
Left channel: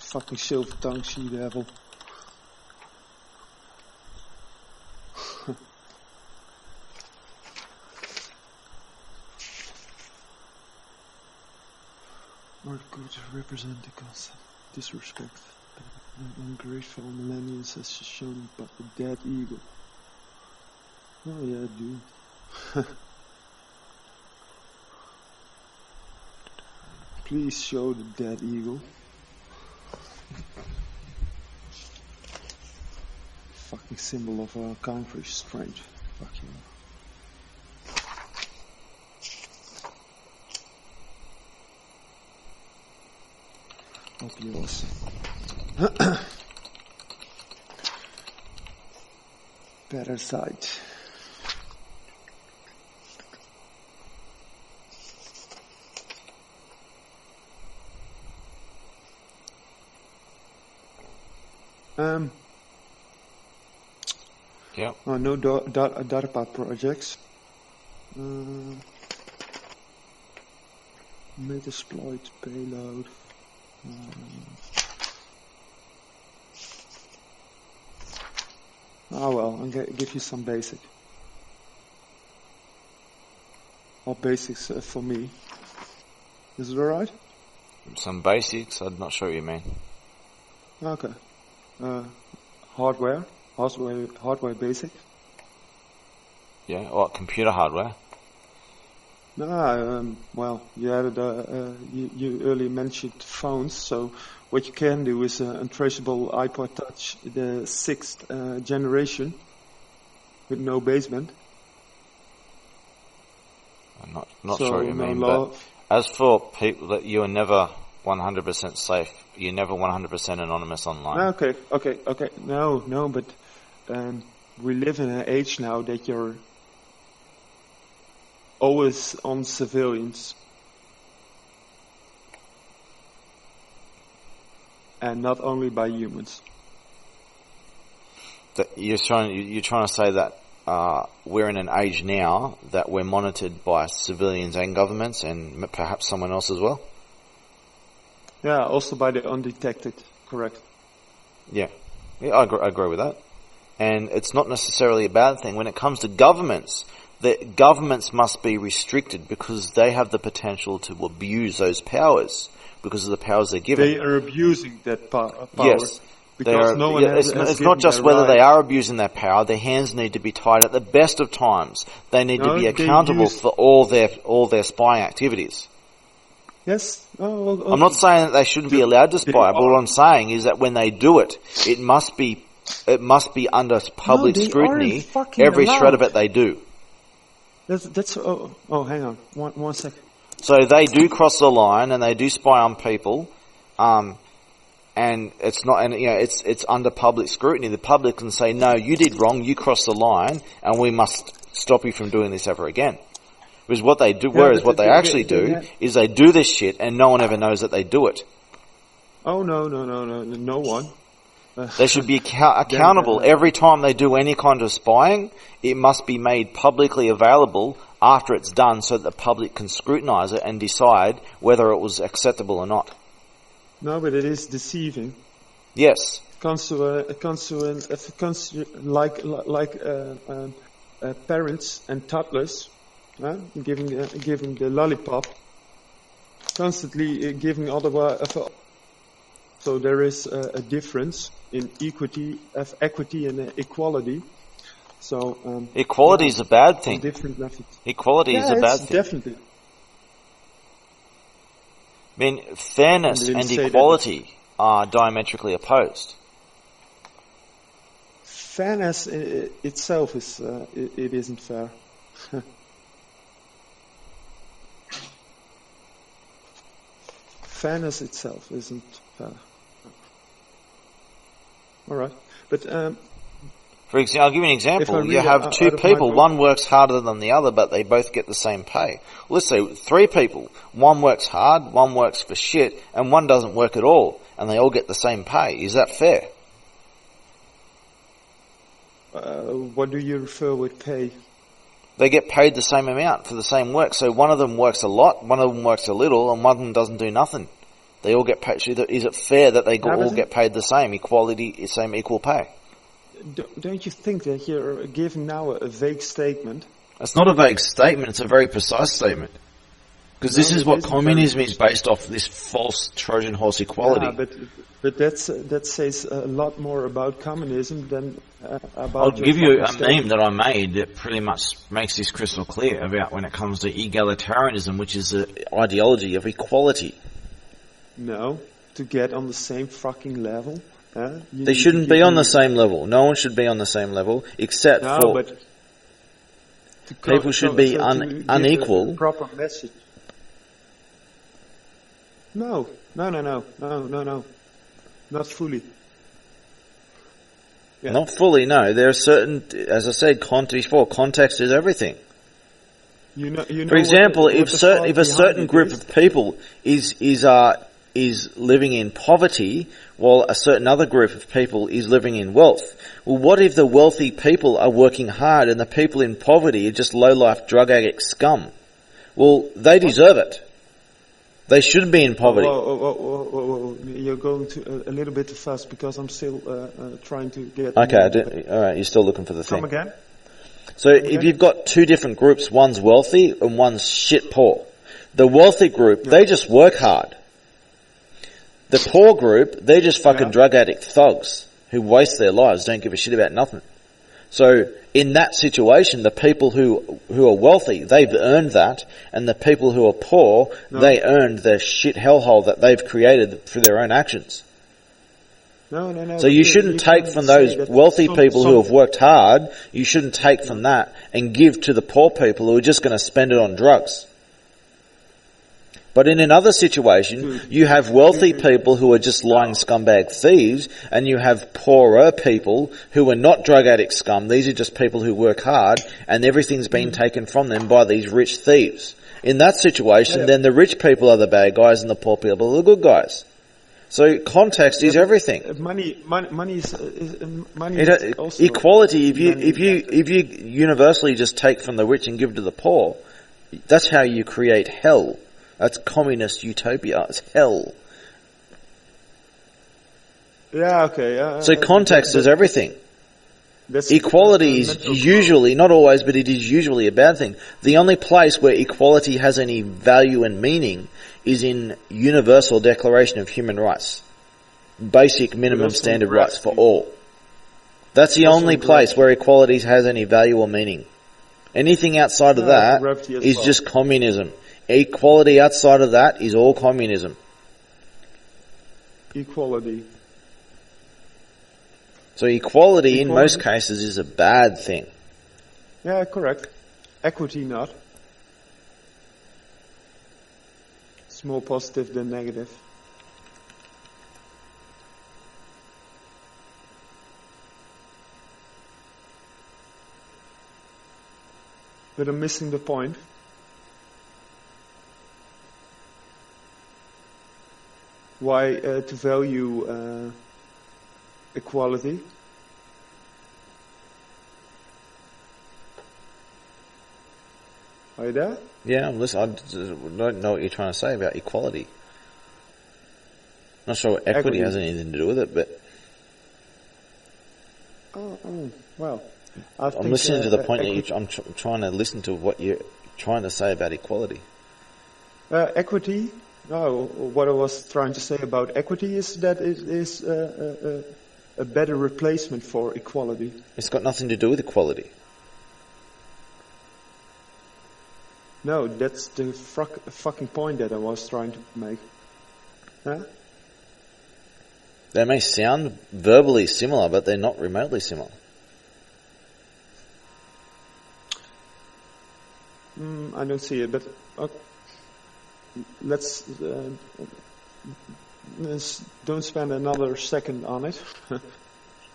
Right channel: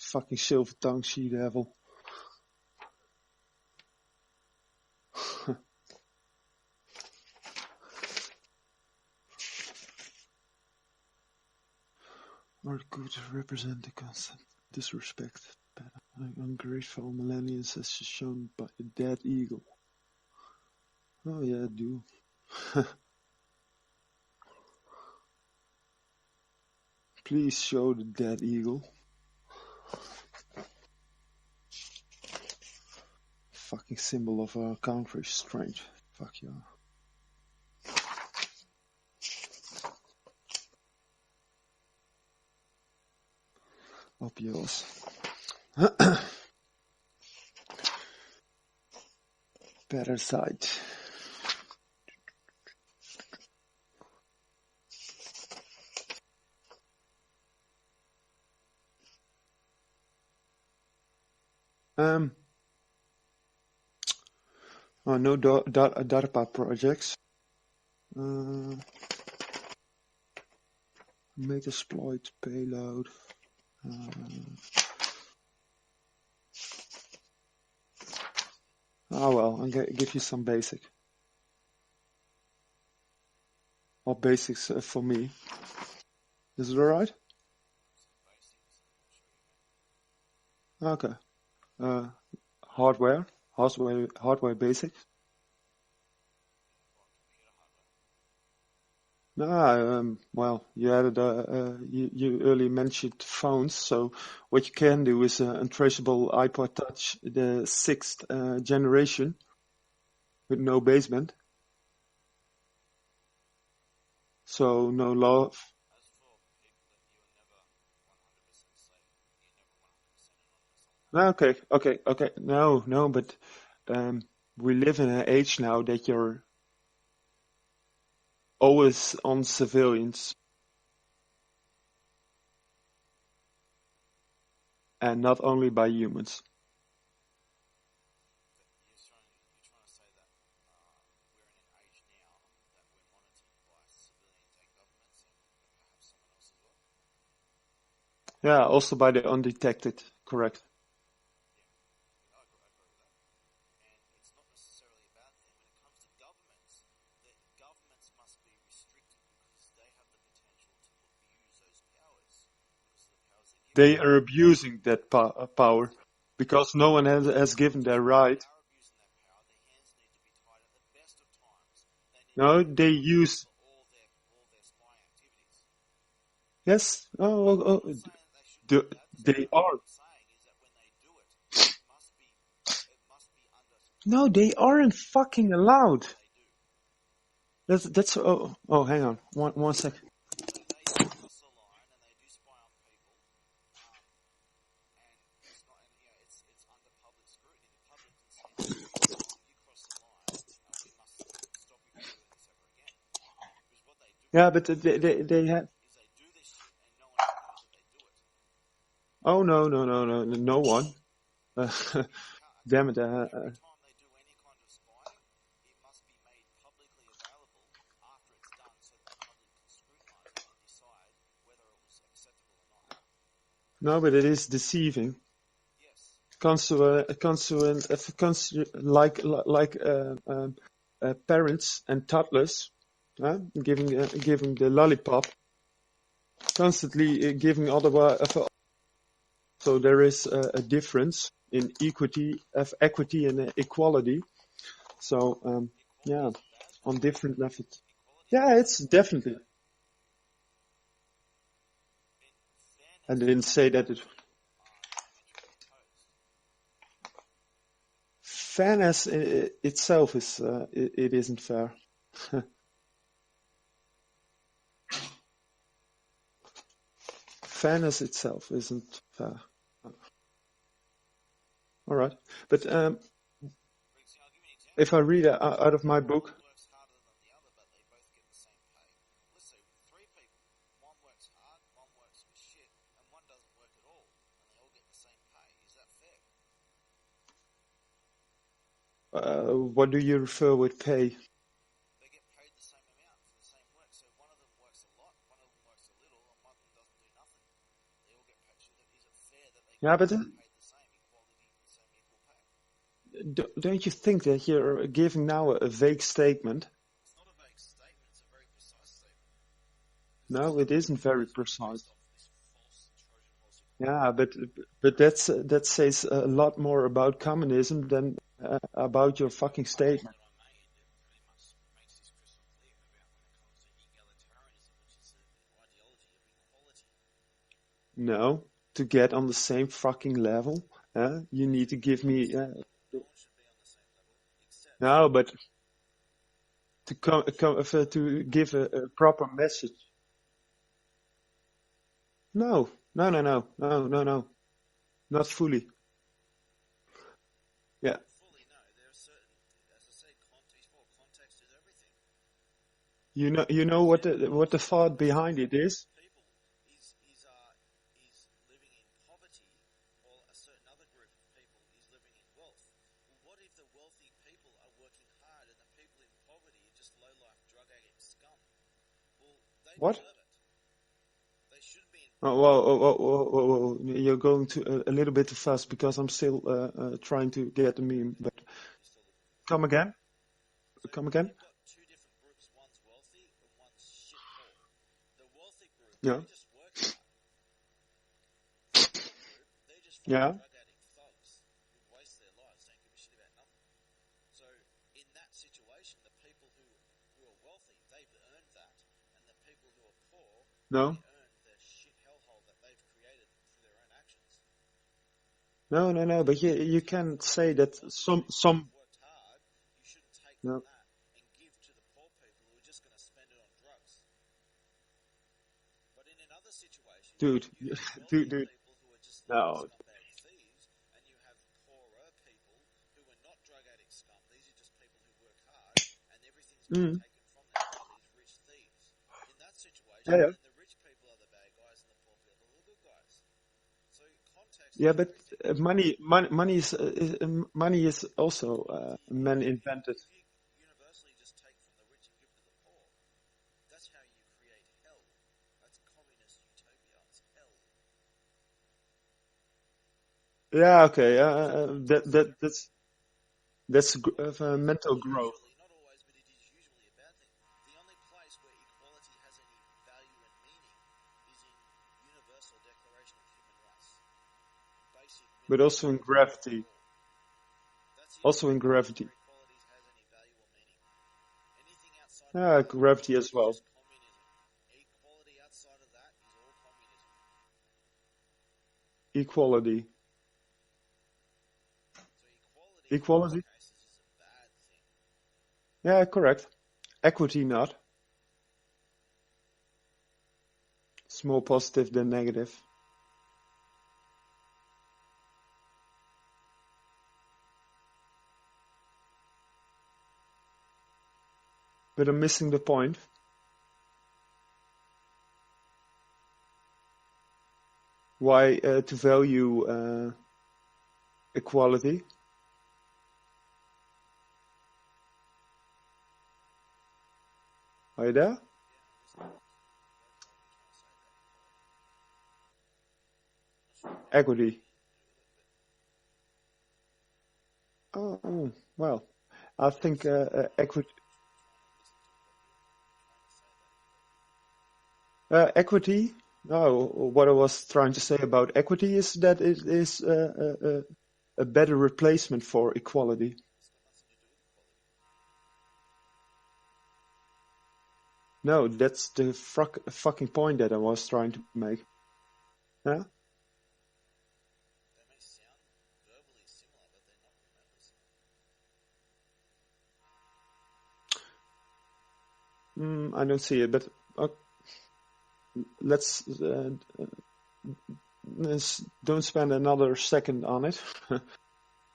Fucking silver tongue sea devil. Are good to represent the constant disrespect. Ungrateful millennials as shown by the dead eagle. Oh yeah, I do. Please show the dead eagle. Fucking symbol of our country, strange. Fuck you. Up yours. Better side. Yep. Oh, no DARPA projects. Metasploit payload. Oh well, I'll give you some basic. Or basics for me. Is it alright? Some basics. I'm not sure what you mean. Okay. Hardware basic. Yeah. What computer hardware? No, well, you added you earlier mentioned phones, so what you can do is untraceable iPod Touch, the 6th generation, with no basement. I'm not so sure what you no mean. law. But as for people that you are never 100% safe, you're never 100% anonymous online. Okay. No, but we live in an age now that you're always on civilians. and not only by humans. You're trying to say that we're in an age now that we're monitored by civilians and governments, and perhaps someone else as well. Yeah, also by the undetected. Correct. Yeah, I agree with that. And it's not necessarily a bad thing. When it comes to governments, the governments must be restricted because they have the potential to abuse those powers because of the powers they're given. They are abusing that power. Yes. Because no one has It's given not just their whether right. they are abusing their power. Their hands need to be tied at the best of times. They need No, to be they accountable use- for all their spying activities. Yes. I'm not saying that they shouldn't be allowed to spy, but what I'm saying is that when they do it, it must be under public they scrutiny. aren't fucking Every shred of allowed. it they do. That's hang on. One second. So they do cross the line and they do spy on people, and it's not, and it's under public scrutiny. The public can say, no, you did wrong, you crossed the line, and we must stop you from doing this ever again. Because what they do, Yeah, whereas but what they actually do is they do this shit and no one ever knows that they do it. Oh no one. They should be accountable every time they do any kind of spying. It must be made publicly available after it's done so that the public can scrutinize it and decide whether it was acceptable or not. No, but it is deceiving. Yes. Parents and toddlers, giving the lollipop, constantly giving otherwise. So there is a difference in equity and equality. So equality is a bad on thing. different methods. Equality is Yeah, a bad it's thing. definitely. I mean, fairness I didn't and say that equality are diametrically opposed. Fairness itself is it isn't fair. Fairness itself isn't fair. All right, but For example, I'll give you an If I example. You read have out two of my people, book- one works harder than the other, but they both get the same pay. Let's say 3 people. One works hard, one works for shit, and one doesn't work at all, and they all get the same pay. Is that fair? what do you refer with pay? They get paid the same amount for the same work. So one of them works a lot, one of them works a little, and one of them doesn't do nothing. They all get paid. Is it fair that they Yeah, all but get paid the same? Equality, same equal pay. Don't you think that you're giving now a vague statement? It's not a vague statement, it's a very precise statement. Because this No, is it what isn't very communism is precise. based off, this false Trojan horse equality. Yeah, but that says a lot more about communism than about I'll your give you fucking a statement. meme that I made that pretty much makes this crystal clear about when it comes to egalitarianism, which is the ideology of equality. No, to get on the same fucking level. You They need to shouldn't give be on me- the same level. No one should be on the same level, except No, for... but to People should be to give unequal. A proper message. No, not fully. Yeah. Not fully, no. There are certain, as I said, context is everything. You know. For example, what if the certain thought if a behind certain it group is, of people is living in poverty, while a certain other group of people is living in wealth, well, what if the wealthy people are working hard and the people in poverty are just low-life drug addict scum? Well, they deserve it. They should be in poverty. Whoa. You're going to a little bit too fast because I'm still trying to get. Okay, all right. You're still looking for the thing. Come again. So if you've got two different groups, one's wealthy and one's shit poor. The wealthy group, they just work hard. The poor group, they're just fucking drug addict thugs who waste their lives, don't give a shit about nothing. So in that situation, the people who are wealthy, they've earned that, and the people who are poor, they earned the shit hellhole that they've created through their own actions. No. So you shouldn't take from those wealthy people who have worked hard, you shouldn't take from that and give to the poor people who are just going to spend it on drugs. But in another situation, you have wealthy people who are just lying scumbag thieves, and you have poorer people who are not drug addict scum. These are just people who work hard, and everything's been taken from them by these rich thieves. In that situation, then the rich people are the bad guys and the poor people are the good guys. So context is everything. Money is also Equality. If man-invented. you universally just take from the rich and give to the poor, that's how you create hell. That's communist utopia. It's hell. Yeah, okay. So context is everything. That's Equality is mental usually, not always, but it is usually a bad thing. The only place where equality has any value and meaning is in Universal Declaration of Human Rights. Basic minimum also in standard rights for gravity. all. That's the Also only in place gravity. where equality has any value or meaning. Anything outside of Yeah, that gravity as is well. just communism. Equality outside of that is all communism. Equality. So equality in most Equality? cases is a bad thing. Yeah, correct. Equity not. It's more positive than negative. But I'm missing the point. Why to value equality? Are you there? Yeah, listen, I don't know what you're trying to say about equality. Not sure equity Equity. has anything to do with it, but Well, I think I'm listening to the point that equity, I'm trying to listen to what you're trying to say about equality. equity. No, what I was trying to say about equity is that it is a better replacement for equality. It's got nothing to do with equality. No, that's the fucking point that I was trying to make. Huh? They may sound verbally similar, but they're not remotely similar. I don't see it, but let's don't spend another second on it.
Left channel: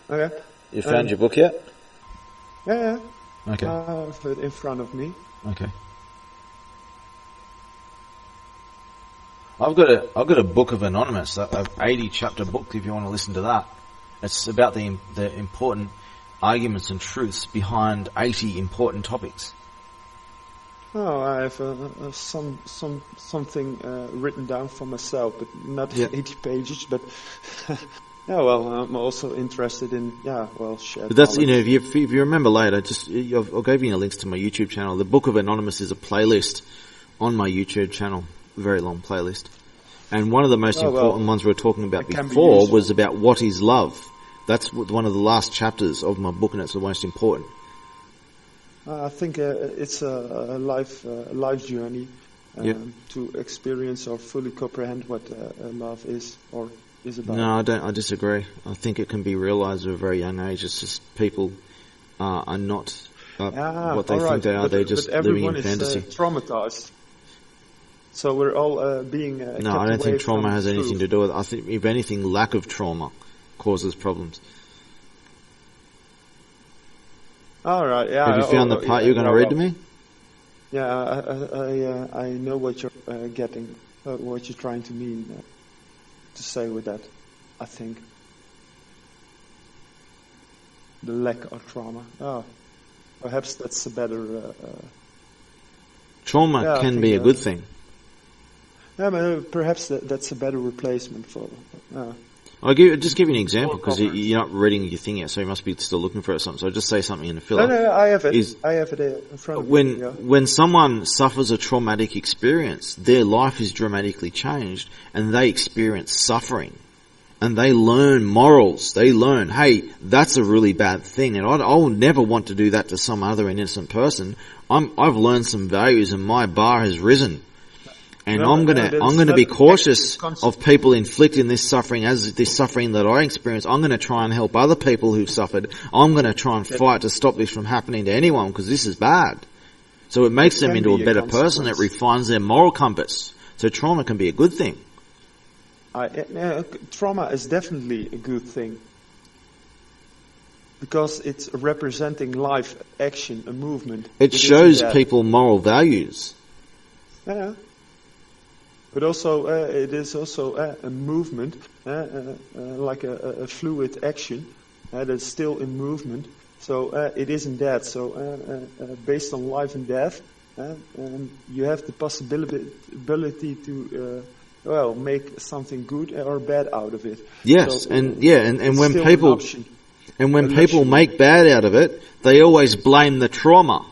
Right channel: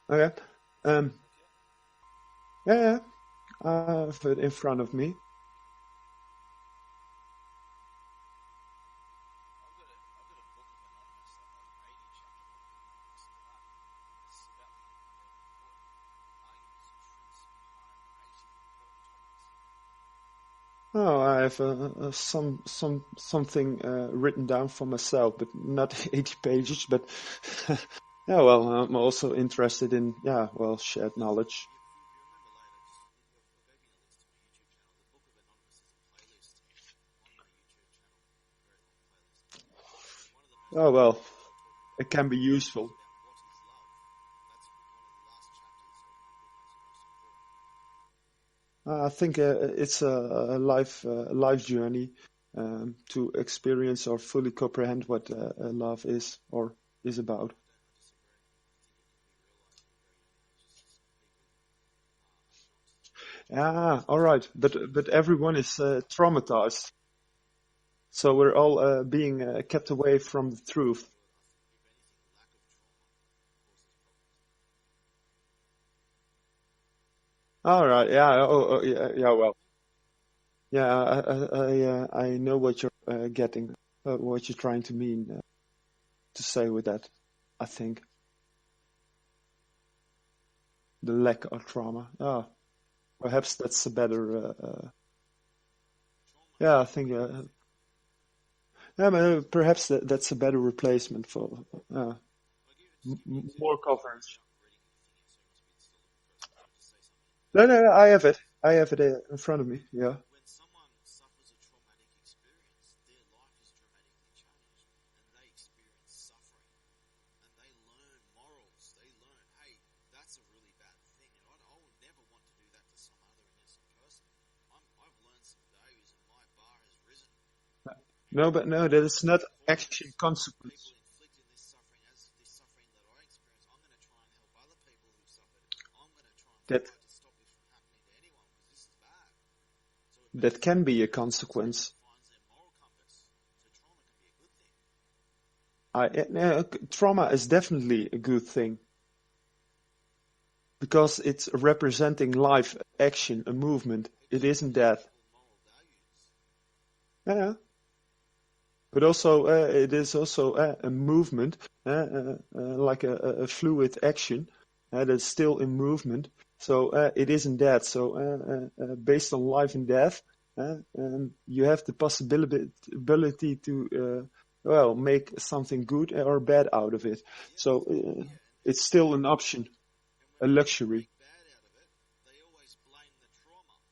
Okay. You found your book yet? Yeah. Okay. I have it in front of me. Okay. I've got a book of Anonymous, a 80 chapter book. If you want to listen to that, it's about the important arguments and truths behind 80 important topics. Oh, I have something written down for myself, but not 80 pages. But yeah, well, I'm also interested in shared But that's knowledge. if you remember later, I'll give you links to my YouTube channel. The Book of Anonymous is a playlist on my YouTube channel, a very long playlist. And one of the most important ones we were talking about it can be before useful. was about what is love. That's one of the last chapters of my book, and it's the most important. I think it's a life journey to experience or fully comprehend what love is or is about. No, I don't. I disagree. I think it can be realised at a very young age. It's just people are not what they all right, think they are. but, They're just but everyone living in is fantasy. traumatized. So we're all being No, kept I don't away think from trauma has anything truth. to do with it. I think, if anything, lack of trauma causes problems. All right, yeah. Have you found the part you're going to read to me? Yeah, I know what you're getting, what you're trying to mean to say with that. I think the lack of trauma. Oh, perhaps that's a better. Trauma I can think, be a good thing. Yeah, but perhaps that's a better replacement for. I'll just give you an example More because coverage. you're not reading your thing yet, so you must be still looking for it or something. So I'll just say something in the filler. No, I have it. Is- I have it in front of me. Yeah. When someone suffers a traumatic experience, their life is dramatically changed, and they experience suffering, and they learn morals. They learn, hey, that's a really bad thing, and I will never want to do that to some other innocent person. I've learned some values, and my bar has risen. And No, I'm but gonna that's be not cautious actually constant. of people inflicting this suffering as this suffering that I experience. I'm gonna try and help other people who've suffered. I'm gonna try and fight to stop this from happening to anyone because this is bad. So it makes them can into be a a better person. It consequence. refines their moral compass. So trauma can be a good thing. Trauma is definitely a good thing because it's representing life, action, a movement. It isn't shows that. people moral values. Yeah. But also, it is also a movement, like a fluid action that's still in movement. So it isn't that. So based on life and death, you have the possibility to make something good or bad out of it. Yes, so, and it's when still an people option. and when A people luxury. make bad out of it, they always blame the trauma.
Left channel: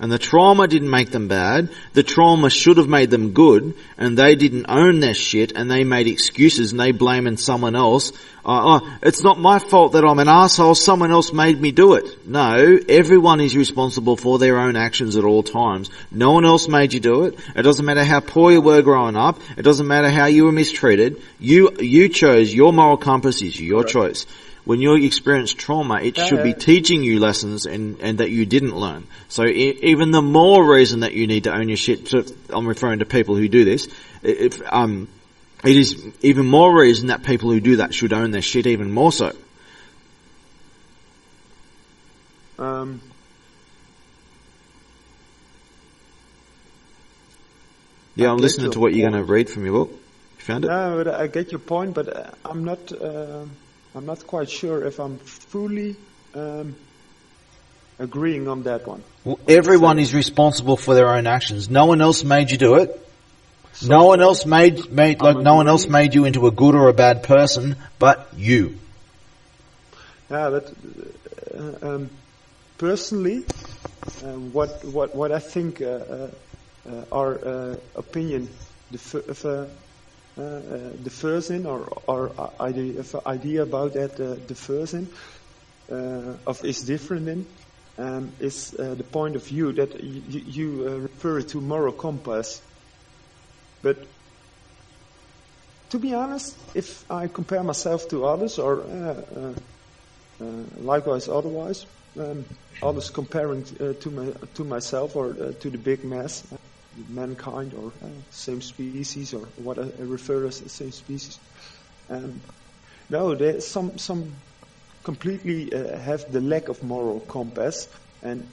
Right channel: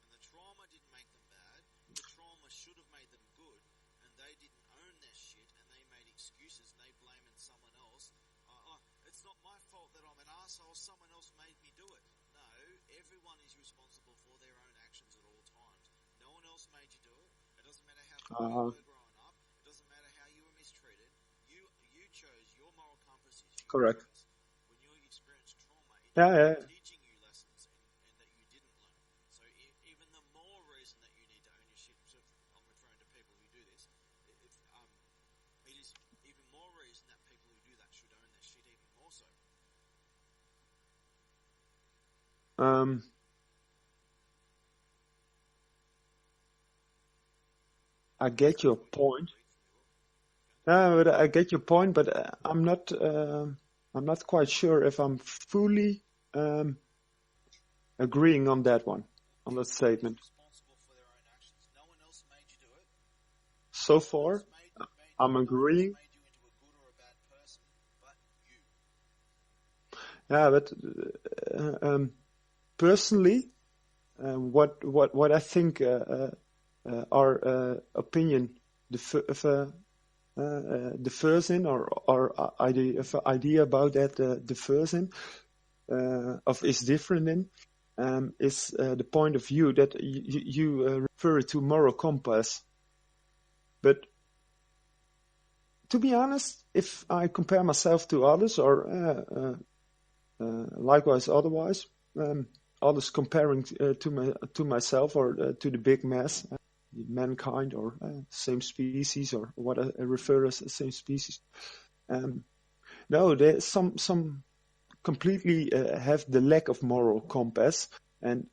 And the trauma didn't make them bad. The trauma should have made them good, and they didn't own their shit, and they made excuses, and they blaming someone else. It's not my fault that I'm an asshole. Someone else made me do it. No, everyone is responsible for their own actions at all times. No one else made you do it. It doesn't matter how poor you were growing up. It doesn't matter how you were mistreated. You chose. Your moral compass is your Correct. choice. When you experience trauma, it should be teaching you lessons and that you didn't learn. So even the more reason that you need to own your shit, I'm referring to people who do this, it is even more reason that people who do that should own their shit even more so. Yeah, I'm get listening your to what you're going point. to read from your book. You found it? No, but I get your point, but I'm not quite sure if I'm fully agreeing on that one. Well, everyone Say- is responsible for their own actions. No one else made you do it. So No one far, else made no one else agreeing. made you into a good or a bad person, but you. Yeah, but personally, what I think our opinion differs in, or idea about that differs in, is different in, is the point of view that you refer to moral compass. But to be honest, if I compare myself to others, or likewise otherwise, others comparing to myself or to the big mass, mankind, or same species, or what I refer as the same species. No, there's some completely have the lack of moral compass, and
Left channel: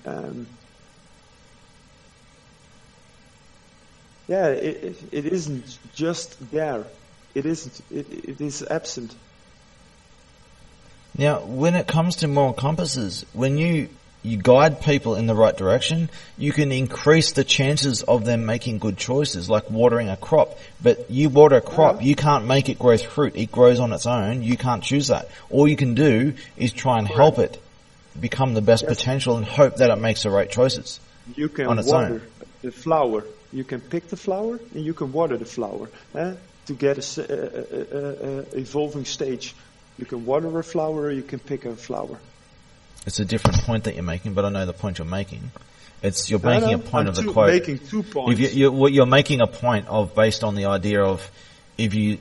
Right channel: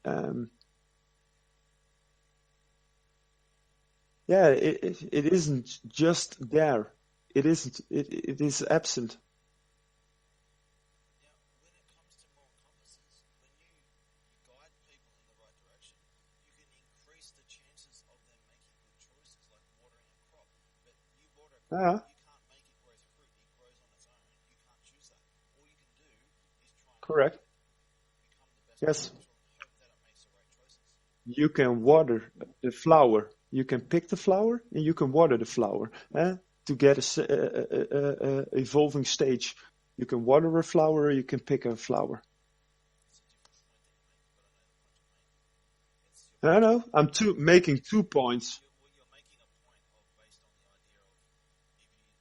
it isn't just there. It isn't. It is absent. Now, when it comes to moral compasses, when you guide people in the right direction, you can increase the chances of them making good choices, like watering a crop. But you water a crop, you can't make it grow fruit. It grows on its own. You can't choose that. All you can do is try and help it become the best potential and hope that it makes the right choices. You can on its water the flower. You can pick the flower and you can water the flower to get a evolving stage. You can water a flower or you can pick a flower. It's a different point that you're making, but I know the point you're making. You're making a point I'm of the quote. making 2 points. You're making a point of based on the idea of if you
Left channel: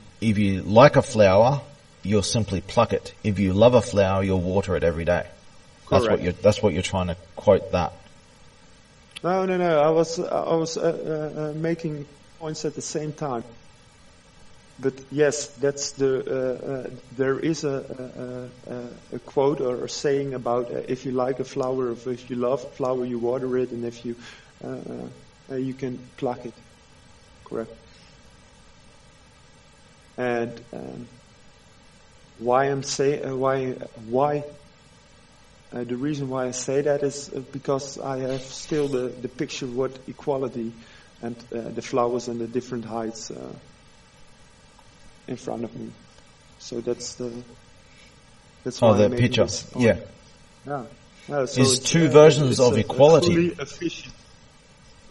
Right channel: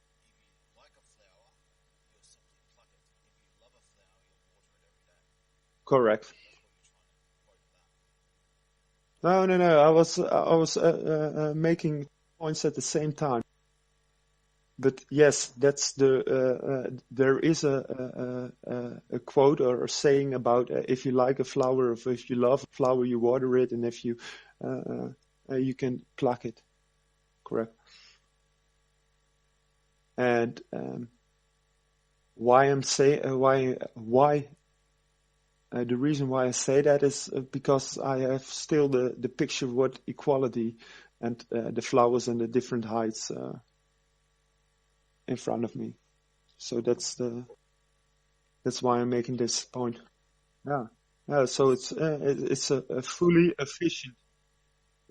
like a flower, you'll simply pluck it. If you love a flower, you'll water it every day. Correct. That's what you're trying to quote that. No. I was making points at the same time. But yes, that's there is a quote or a saying about if you like a flower, or if you love a flower, you water it, and if you you can pluck it. Correct. And the reason why I say that is because I have still the picture of what equality and the flowers and the different heights in front of me. So that's why the I'm making picture. this point. Yeah. So There's two versions it's of equality.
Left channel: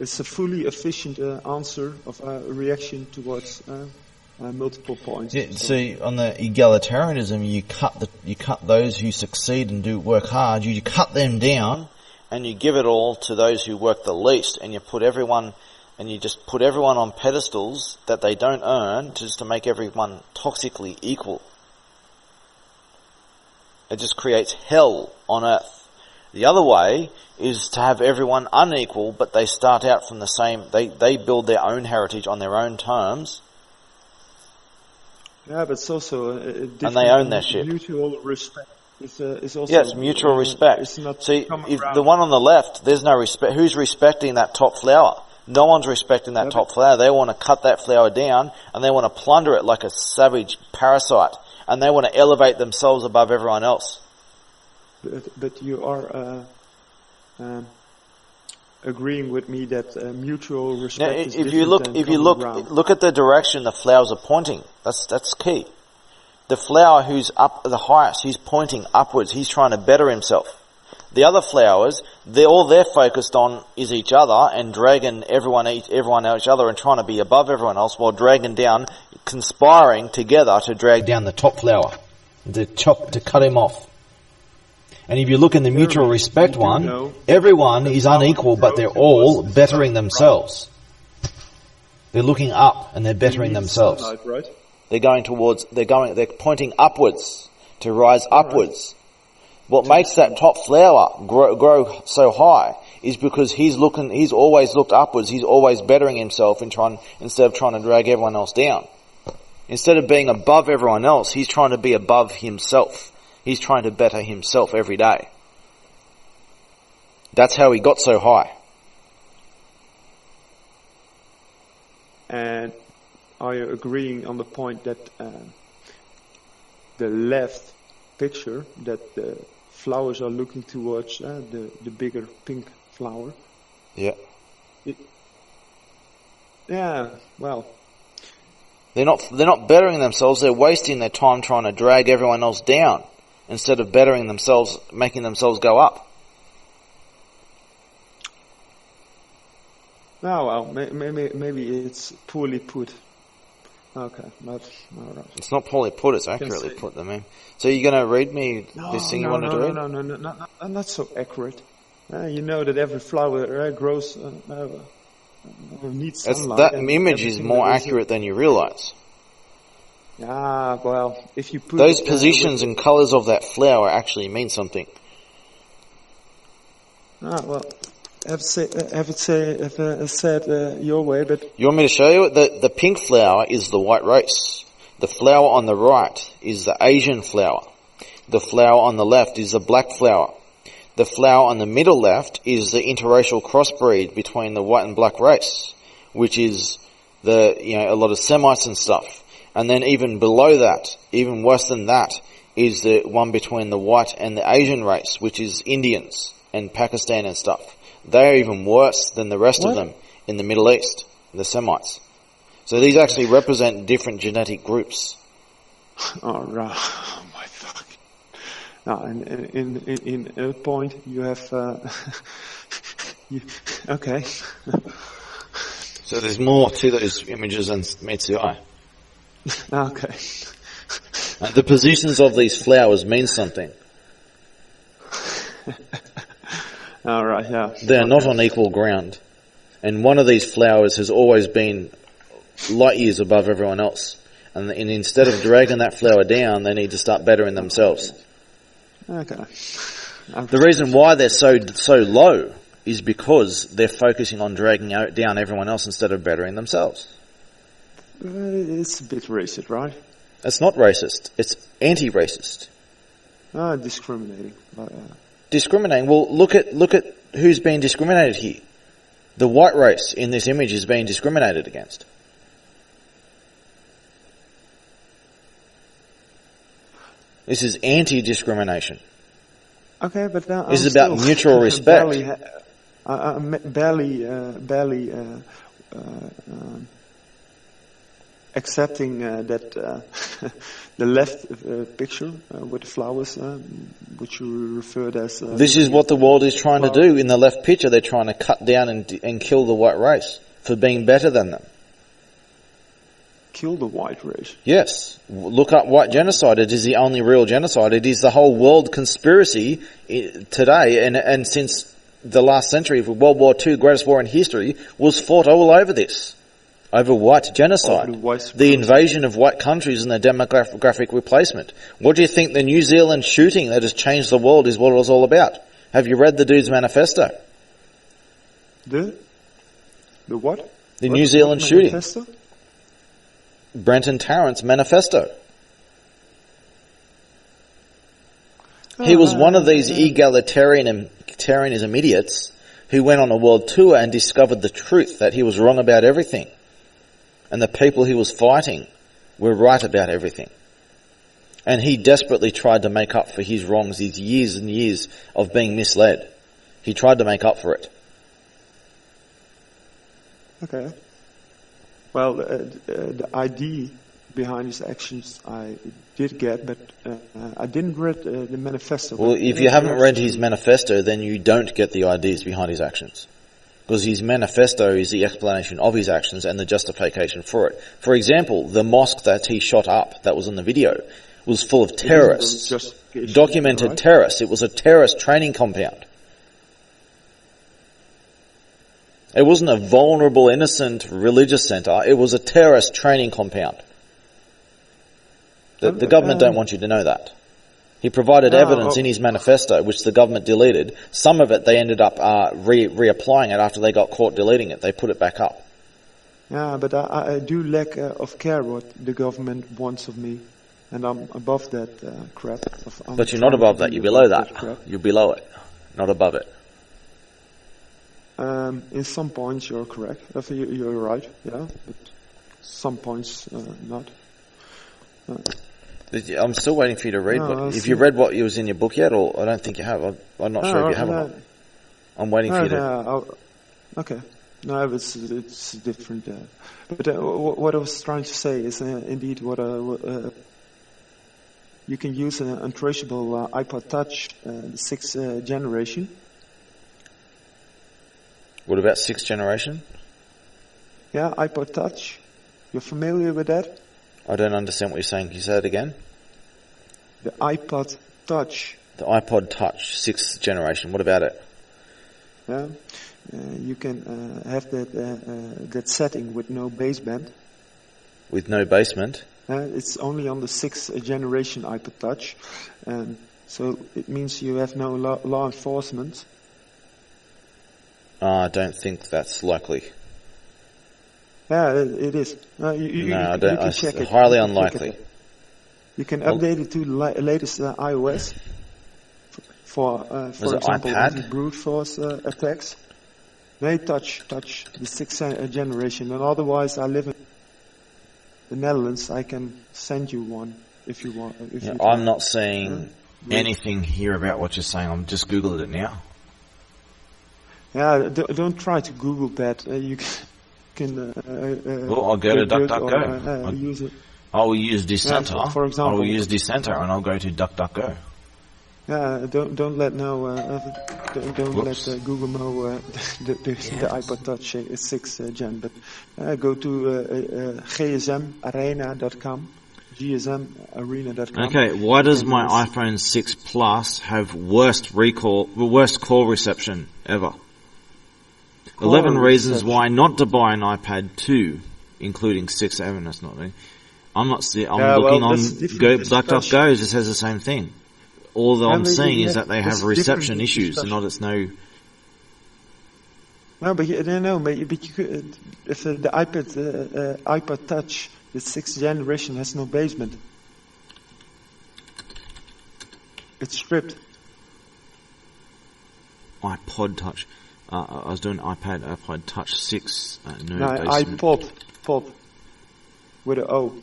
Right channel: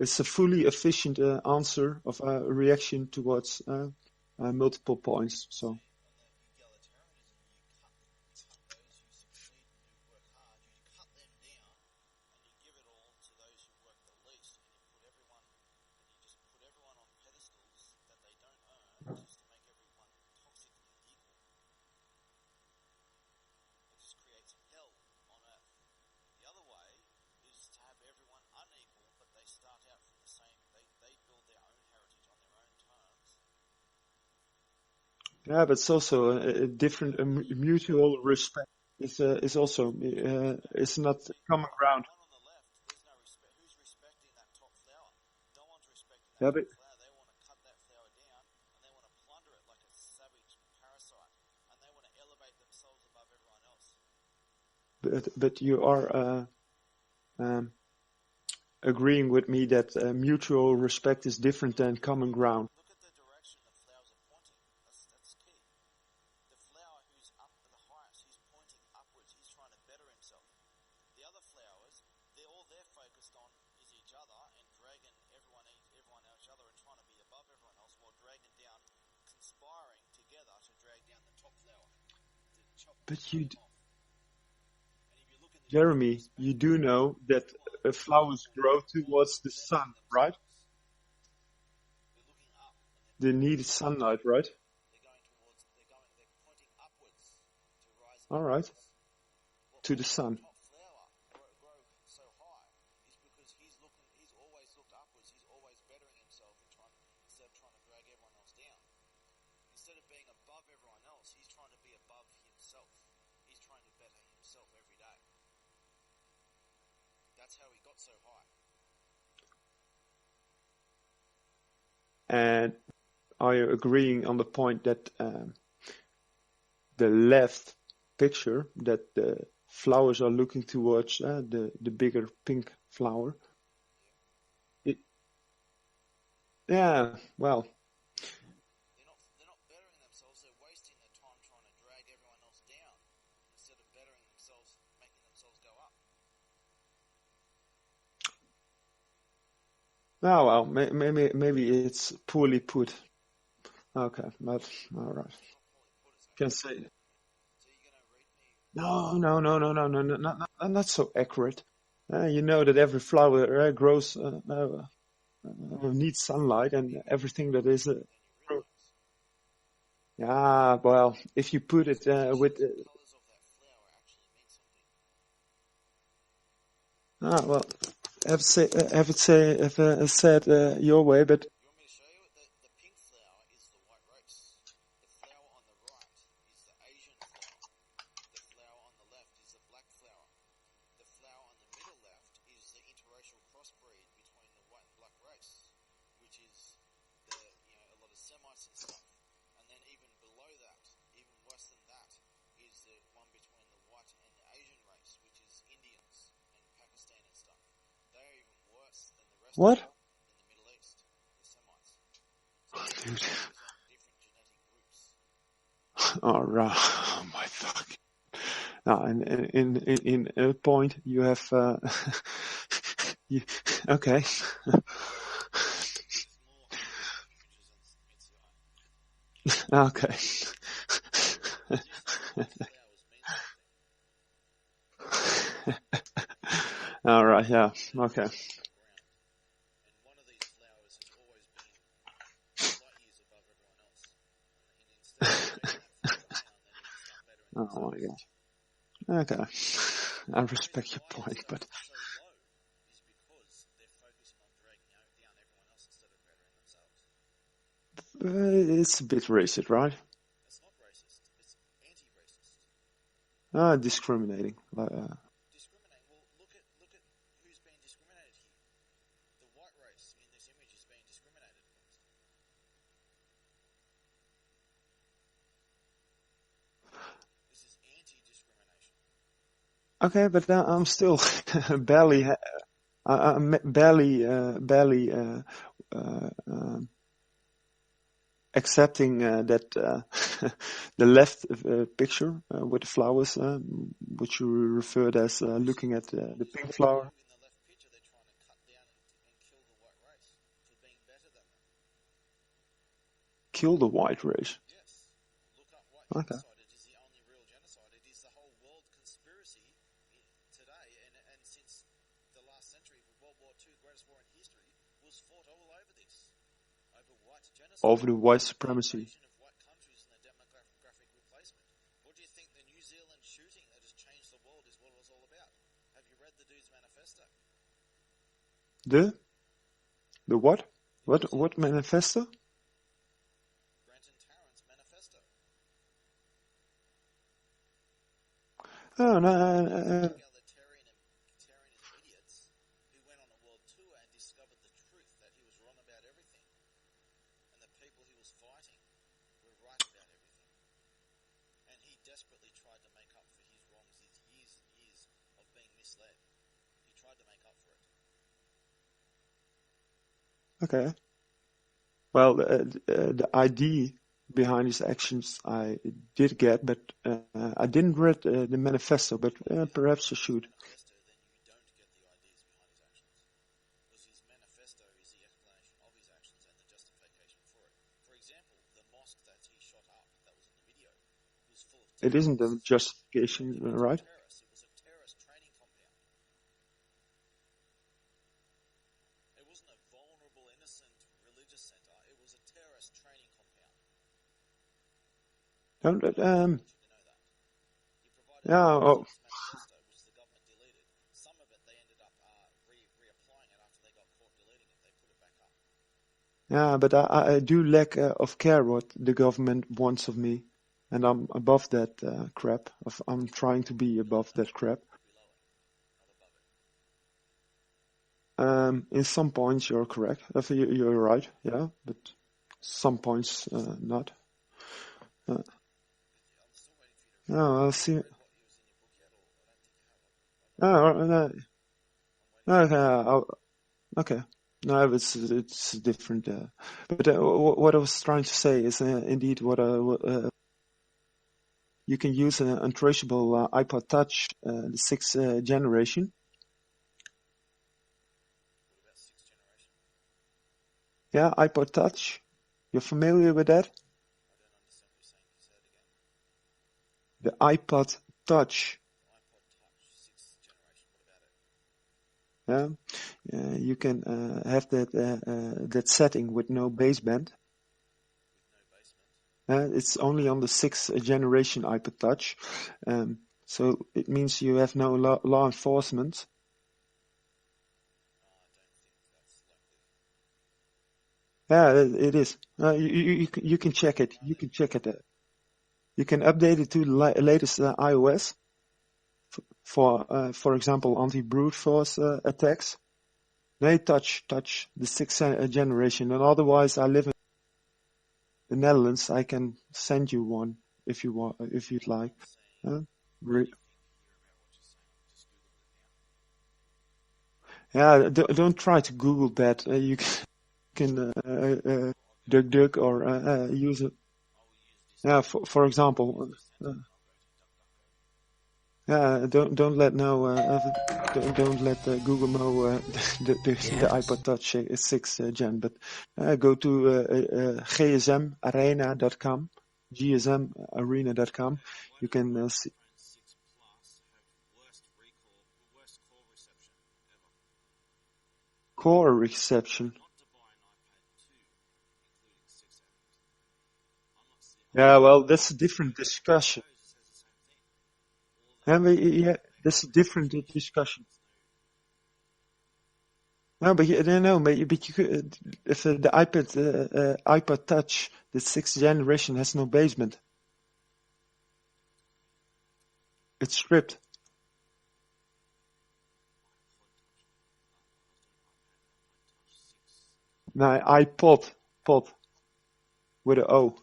It's a fully efficient answer of a reaction towards multiple points. Yeah, So- see, on the egalitarianism, you cut those who succeed and do work hard. You cut them down, And you give it all to those who work the least, and you just put everyone on pedestals that they don't earn just to make everyone toxically equal. It just creates hell on earth. The other way is to have everyone unequal, but they start out from the same, they build their own heritage on their own terms. Yeah, but it's also a different own their shit. mutual respect. It's also Yes, mutual respect. It's not See, common if ground. the one on the left, there's no respect. Who's respecting that top flower? No one's respecting that top flower. They want to cut that flower down and they want to plunder it like a savage parasite. And they want to elevate themselves above everyone else. But you are agreeing with me that mutual respect is different than common ground. Look at the direction the flowers are pointing. That's key. The flower who's up the highest, he's pointing upwards. He's trying to better himself. The other flowers, they're focused on is each other and dragging everyone each other and trying to be above everyone else, while dragging down, conspiring together to drag down the top flower, to cut him off. And if you look in the mutual respect one, everyone is unequal, but they're all bettering themselves. They're looking up and they're bettering themselves. Sunlight, right? They're pointing upwards to rise upwards. What makes that top flower grow so high is because he's always looked upwards. He's always bettering himself instead of trying to drag everyone else down. Instead of being above everyone else, he's trying to be above himself. He's trying to better himself every day. That's how he got so high. And are you agreeing on the point that the left picture, that the flowers are looking towards the bigger pink flower? Yeah. Well. They're not bettering themselves. They're wasting their time trying to drag everyone else down instead of bettering themselves, making themselves go up. Oh, well, maybe it's poorly put. Okay, but all right. It's not poorly put. It's accurately put. So you're going to read me this thing? No, not so accurate. You know that every flower grows needs sunlight. That image is more accurate than you realise. Yeah, well, if you put those positions and colours of that flower actually mean something. Well, have it said your way, but you want me to show you it? The pink flower is the white race. The flower on the right is the Asian flower. The flower on the left is the black flower. The flower on the middle left is the interracial crossbreed between the white and black race, which is a lot of Semites and stuff. And then even below that, even worse than that, is the one between the white and the Asian race, which is Indians and Pakistan and stuff. They are even worse than the rest of them in the Middle East, the Semites. So these actually represent different genetic groups. All right. Oh my fuck. Now, in a point, you have. Okay. So there's more to those images than meets the eye. Okay. The positions of these flowers mean something. All right, yeah. They're not on equal ground. And one of these flowers has always been light years above everyone else. And instead of dragging that flower down, they need to start bettering themselves. Okay. The reason why they're so low is because they're focusing on dragging down everyone else instead of bettering themselves. It's a bit racist, right? It's not racist. It's anti-racist. Discriminating. Discriminating. Well, look at who's being discriminated here. The white race in this image is being discriminated against. This is anti-discrimination. Okay, but now this is about mutual respect. barely accepting that the left picture with the flowers, which you referred as. This is what the world is trying to do in the left picture. They're trying to cut down and kill the white race for being better than them. Kill the white race? Yes. Look up white genocide. It is the only real genocide. It is the whole world conspiracy today, and since the last century, World War II, greatest war in history, was fought all over this. Over white genocide. The invasion of white countries and the demographic replacement. What do you think the New Zealand shooting that has changed the world is what it was all about? Have you read the dude's manifesto? The what? The New Zealand shooting. Manifesto? Brenton Tarrant's manifesto. He was one of these egalitarianism idiots who went on a world tour and discovered the truth, that he was wrong about everything. And the people he was fighting were right about everything. And he desperately tried to make up for his wrongs, his years and years of being misled. He tried to make up for it. Okay. Well, the idea behind his actions I did get, but I didn't read the manifesto. Well, if you haven't read his manifesto, then you don't get the ideas behind his actions. Because his manifesto is the explanation of his actions and the justification for it. For example, the mosque that he shot up, that was in the video, was full of terrorists. Documented right? terrorists. It was a terrorist training compound. It wasn't a vulnerable, innocent religious centre. It was a terrorist training compound. The government don't want you to know that. He provided evidence in his manifesto, which the government deleted. Some of it they ended up reapplying it after they got caught deleting it. They put it back up. Yeah, but I do lack of care what the government wants of me. And I'm above that crap. But you're not above that. You're below that. You're below it, not above it. In some points you're correct. You're right, yeah. But some points not. I'm still waiting for you to read. If you read what was in your book yet, or I don't think you have. I'm not sure if you have. I'm waiting for you to. Okay. No, it's different. But what I was trying to say is indeed what you can use an untraceable iPod Touch, the 6th generation. What about 6th generation? Yeah, iPod Touch. You're familiar with that? I don't understand what you're saying. Can you say it again? The iPod Touch. The iPod Touch, 6th generation. What about it? Yeah, you can have that setting with no baseband. With no basement? It's only on the 6th generation iPod Touch. So it means you have no law enforcement. I don't think that's likely. Yeah, it is. You can check it. Highly unlikely. You can update it to the latest iOS. For example, anti-brute force attacks. They touch the 6th generation, and otherwise I live in the Netherlands. I can send you one if you want. I'm not seeing anything here about what you're saying. I'm just Googled it now. Yeah, don't try to Google that. You can. Well, I'll go to DuckDuckGo. Use it. I will use Dissenter. Yeah, for example, I will use Dissenter, and I'll go to DuckDuckGo. Yeah, don't let Google know the iPod Touch 6th gen, but go to gsmarena.com, gsmarena.com. Okay, why does my iPhone 6 Plus have worst call reception ever? 11 reasons why not to buy an iPad 2, including 6, 7, that's not me. I'm looking on DuckDuckGo, it just says the same thing. All I'm seeing is that they have reception issues, not it's no. No, but you could, if the iPod Touch, the 6th generation, has no basement, it's stripped. iPod Touch. I was doing iPod Touch 6. No, iPod, pod, with an O.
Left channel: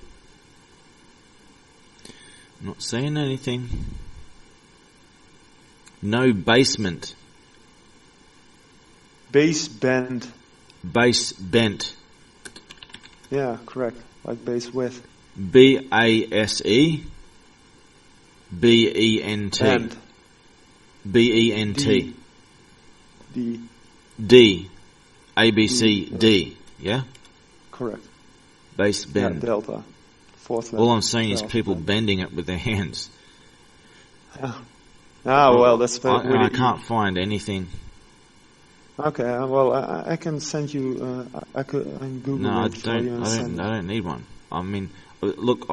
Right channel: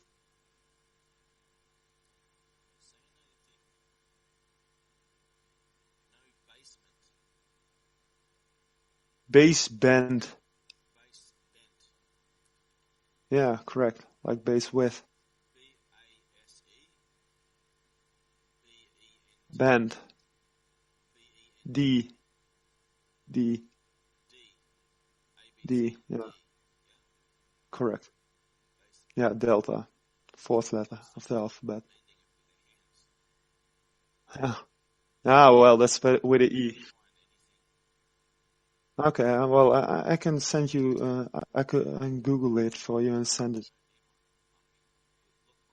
I'm not saying anything. No basement. Baseband. Base bent. Yeah, correct. Like base width. BASE. BENT. Band. BENT. D. D. ABC D. Yeah? Correct. Base bend. Yeah, delta. Fourth level. All I'm seeing is people bending it with their hands. Yeah. Well, that's I can't find anything. Okay, well, I can send you. I can Google it for you and send it. I don't need one. I mean, look,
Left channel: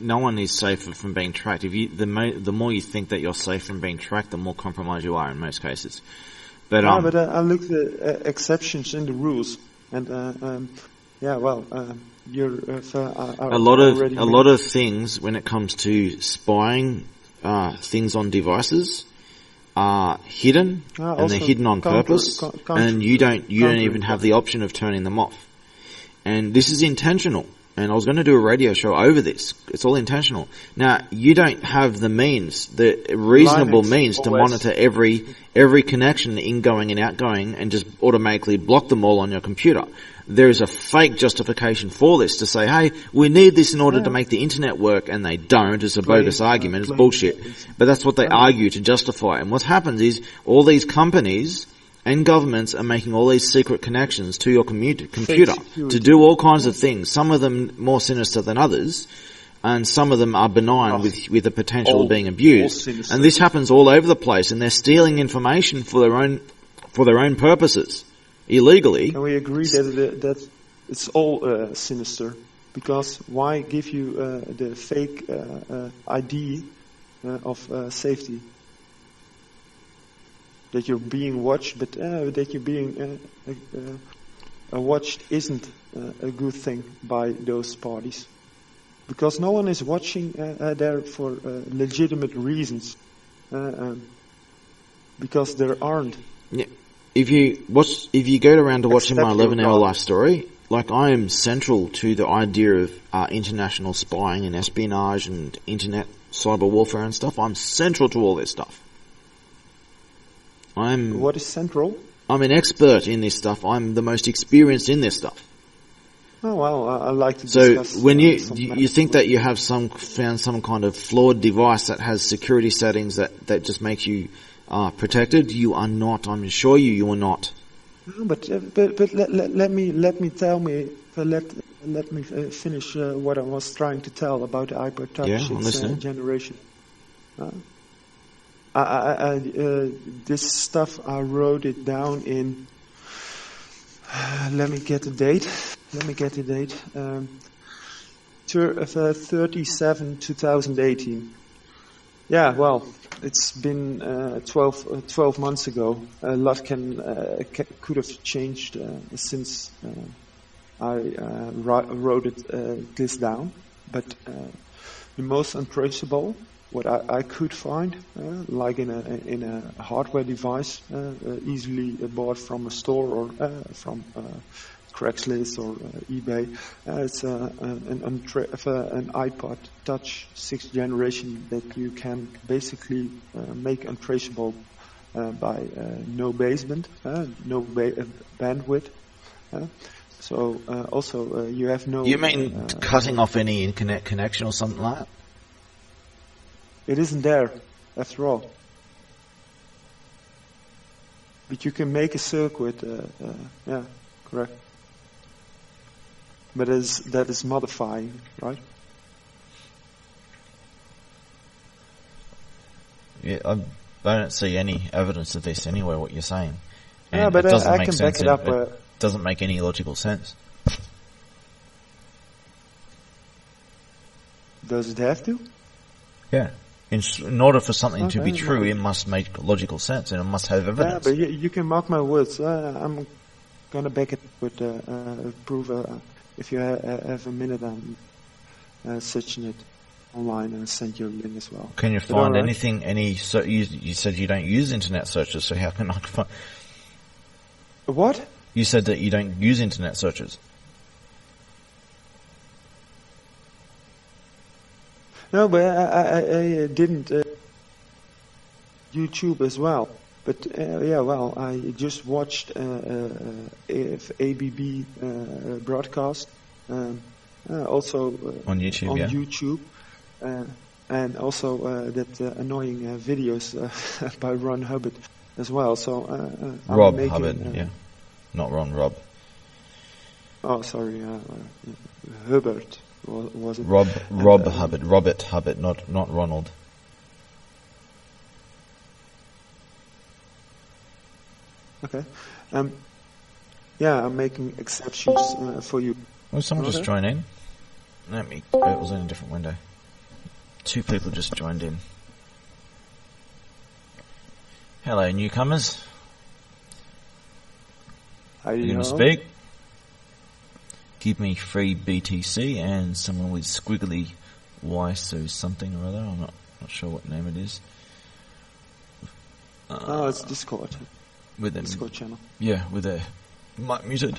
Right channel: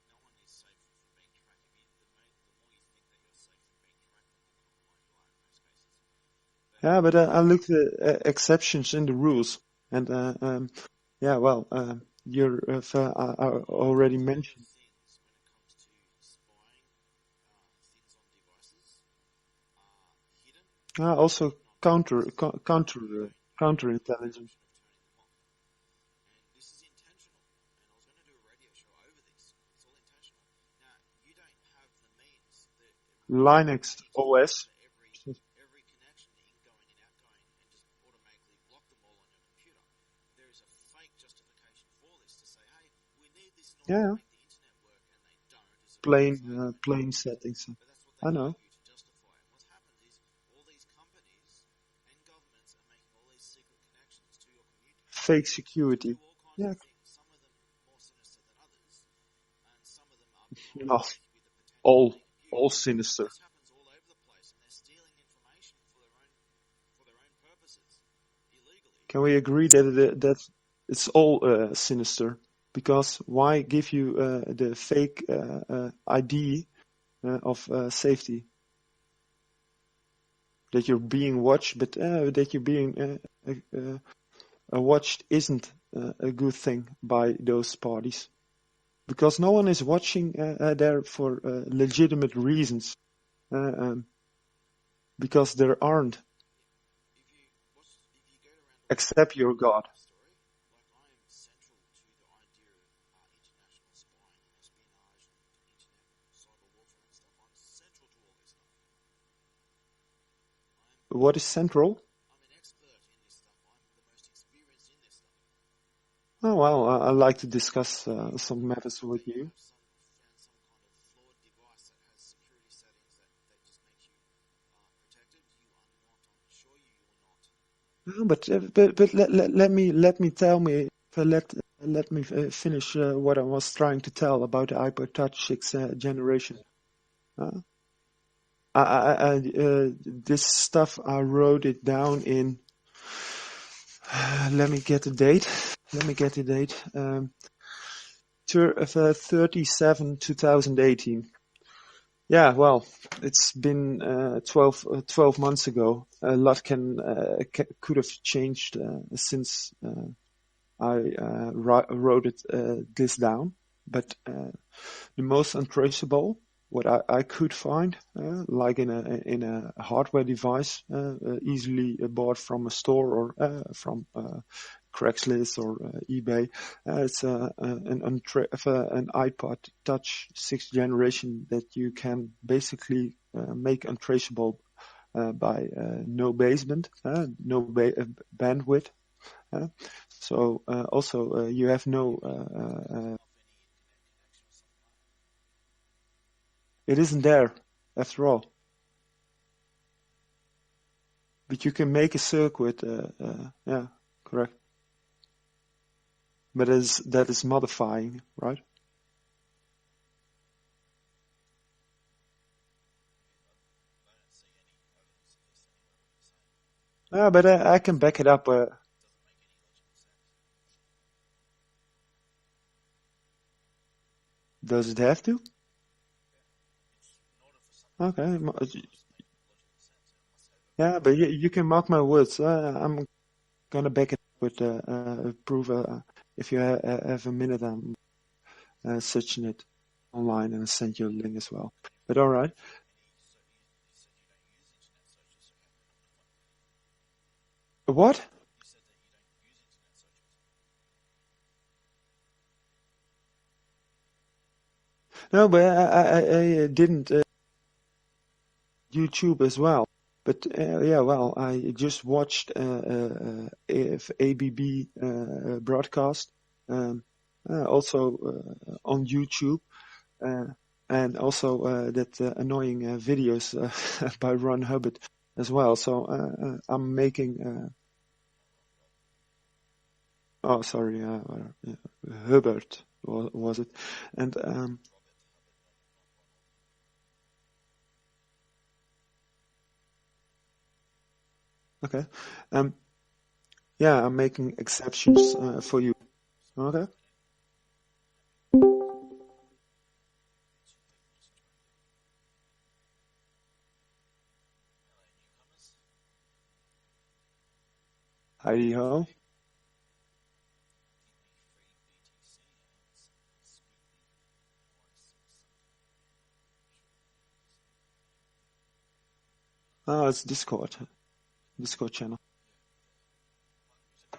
no one is safer from being tracked. If the more you think that you're safe from being tracked, the more compromised you are in most cases. But I looked at exceptions in the rules, and you're a lot of things when it comes to spying things on devices are hidden, and also they're hidden on purpose, and you don't even have the option of turning them off. And this is intentional. And I was going to do a radio show over this. It's all intentional. Now, you don't have the means, the reasonable Linux, means to OS. monitor every connection, ingoing and outgoing, and just automatically block them all on your computer. There is a fake justification for this to say, hey, we need this in order to make the internet work, and they don't. It's a bogus argument. It's bullshit. But that's what they argue to justify. And what happens is all these companies and governments are making all these secret connections to your computer to do all kinds of things. Some of them more sinister than others, and some of them are benign with the potential of being abused. And this happens all over the place, and they're stealing information for their own purposes illegally. Can we agree that it's all sinister? Because why give you the fake ID of safety? That you're being watched, but that you're being watched isn't a good thing by those parties. Because no one is watching there for legitimate reasons. Because there aren't. Yeah. If you go around to watching my Except your 11-hour God. life story, like I am central to the idea of international spying and espionage and internet cyber warfare and stuff. I'm central to all this stuff. What is central? I'm an expert in this stuff. I'm the most experienced in this stuff. Oh well, I like to discuss. So when you some you think that you have found some kind of flawed device that has security settings that just makes you protected, you are not. I'm assure you are not. No, but let me finish what I was trying to tell about the iPod Touch Yeah, I'm 6th listening. generation. This stuff I wrote it down in. Let me get the date. 37 2018. Yeah, well, it's been 12 months ago. A lot could have changed since I wrote this down. But the most untraceable, what I could find, like in a hardware device, easily bought from a store or from Craigslist or eBay, it's an iPod Touch 6th generation that you can basically make untraceable by no baseband, bandwidth. So also you have no. You mean cutting off any internet connection or something like that? It isn't there, after all. But you can make a circuit, yeah, correct. But that is modifying, right? Yeah, I don't see any evidence of this anyway, what you're saying. Yeah, And but it doesn't I make can sense back it up. It doesn't make any logical sense. Does it have to? Yeah. In order for something to be Okay, true, well- it must make logical sense and it must have Yeah, evidence. but you can mark my words. I'm gonna back it with proof. If you have a minute, I'm searching it online and send you a link as well. Can you Is that all find right? anything? You said you don't use internet searches, so how can I find? What? You said that you don't use internet searches. No, but I didn't YouTube as well. But yeah, well, I just watched ABB broadcast, also On YouTube, on yeah. YouTube, and also that annoying videos by Ron Hubbard as well. So I'm Rob making. Hubbard, yeah. Not Ron, Rob. Oh, sorry, Hubbard was it? Rob And, Hubbard. Robert Hubbard, not Ronald. Okay. Yeah, I'm making exceptions for you. Well, someone Okay. just joined in. It was in a different window. 2 people just joined in. Hello, newcomers. You can speak. Give me free BTC and someone with squiggly Y, so something or other. I'm not sure what name it is. Oh, it's Discord. with them. Discord channel. Yeah, with their mic muted.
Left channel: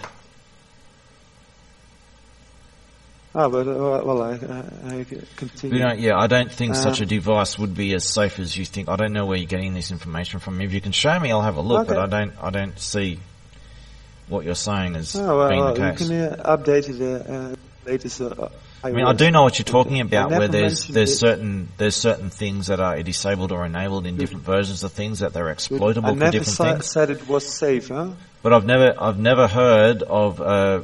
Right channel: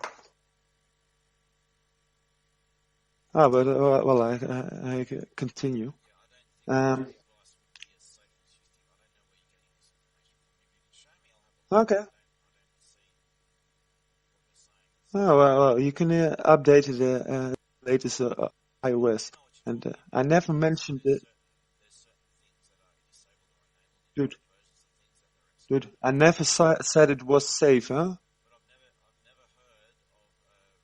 Ah, but I continue. You know, yeah, I don't think such a device would be as safe as you think. I don't know where you're getting this information from. If you can show me, I'll have a look. Okay. But I don't see what you're saying as Oh, well, being you the can case. update the latest iOS. I mean, I do know what you're talking I about. Where never mentioned there's it. certain things that are disabled or enabled in different versions of things that they're exploitable I for never different things. said it was safe, huh? But I've never heard of a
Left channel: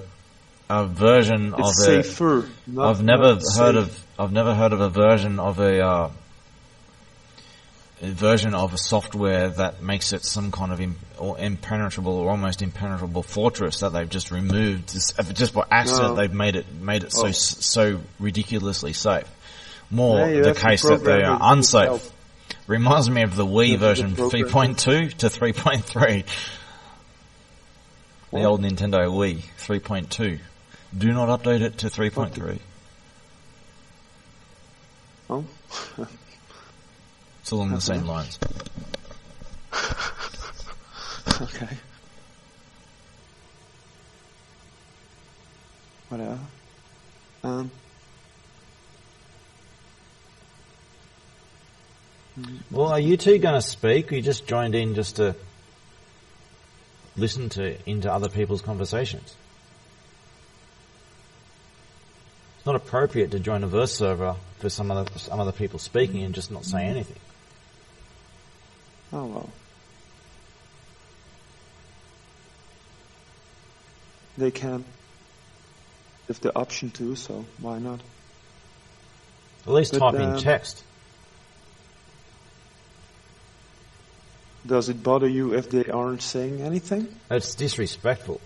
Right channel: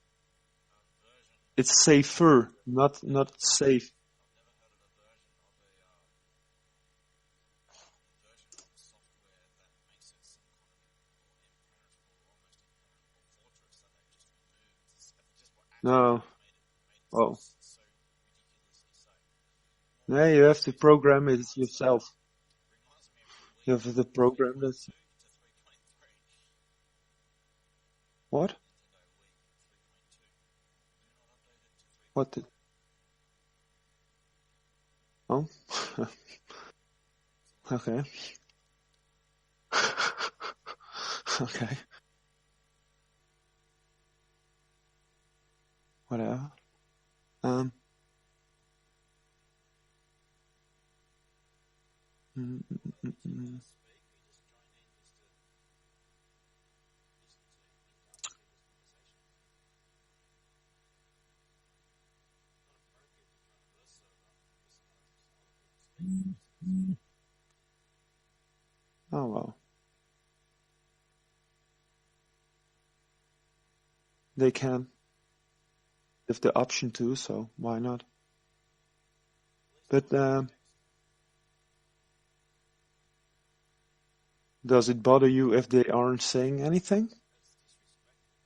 version of It's a. safer. Not, I've never not safe. I've never heard of a version of a version of a software that makes it some kind of impenetrable or almost impenetrable fortress that they've just removed just by accident. No. They've made it Oh. so ridiculously safe. More Yeah, you the have to case that they program are it unsafe. yourself. Reminds me of the Wii The version program 3.2 to 3.3. The What? old Nintendo Wii 3.2. Do not update it to 3.3. Oh, It's along the Okay. same lines. okay. Whatever. Well, are you two going to speak? Or you just joined in just to listen into other people's conversations? It's not appropriate to join a verse server for some other people speaking and just not say anything. Oh well. They can. They have the option to, so why not? At least But, type in text. Does it bother you if they aren't saying anything? It's disrespectful.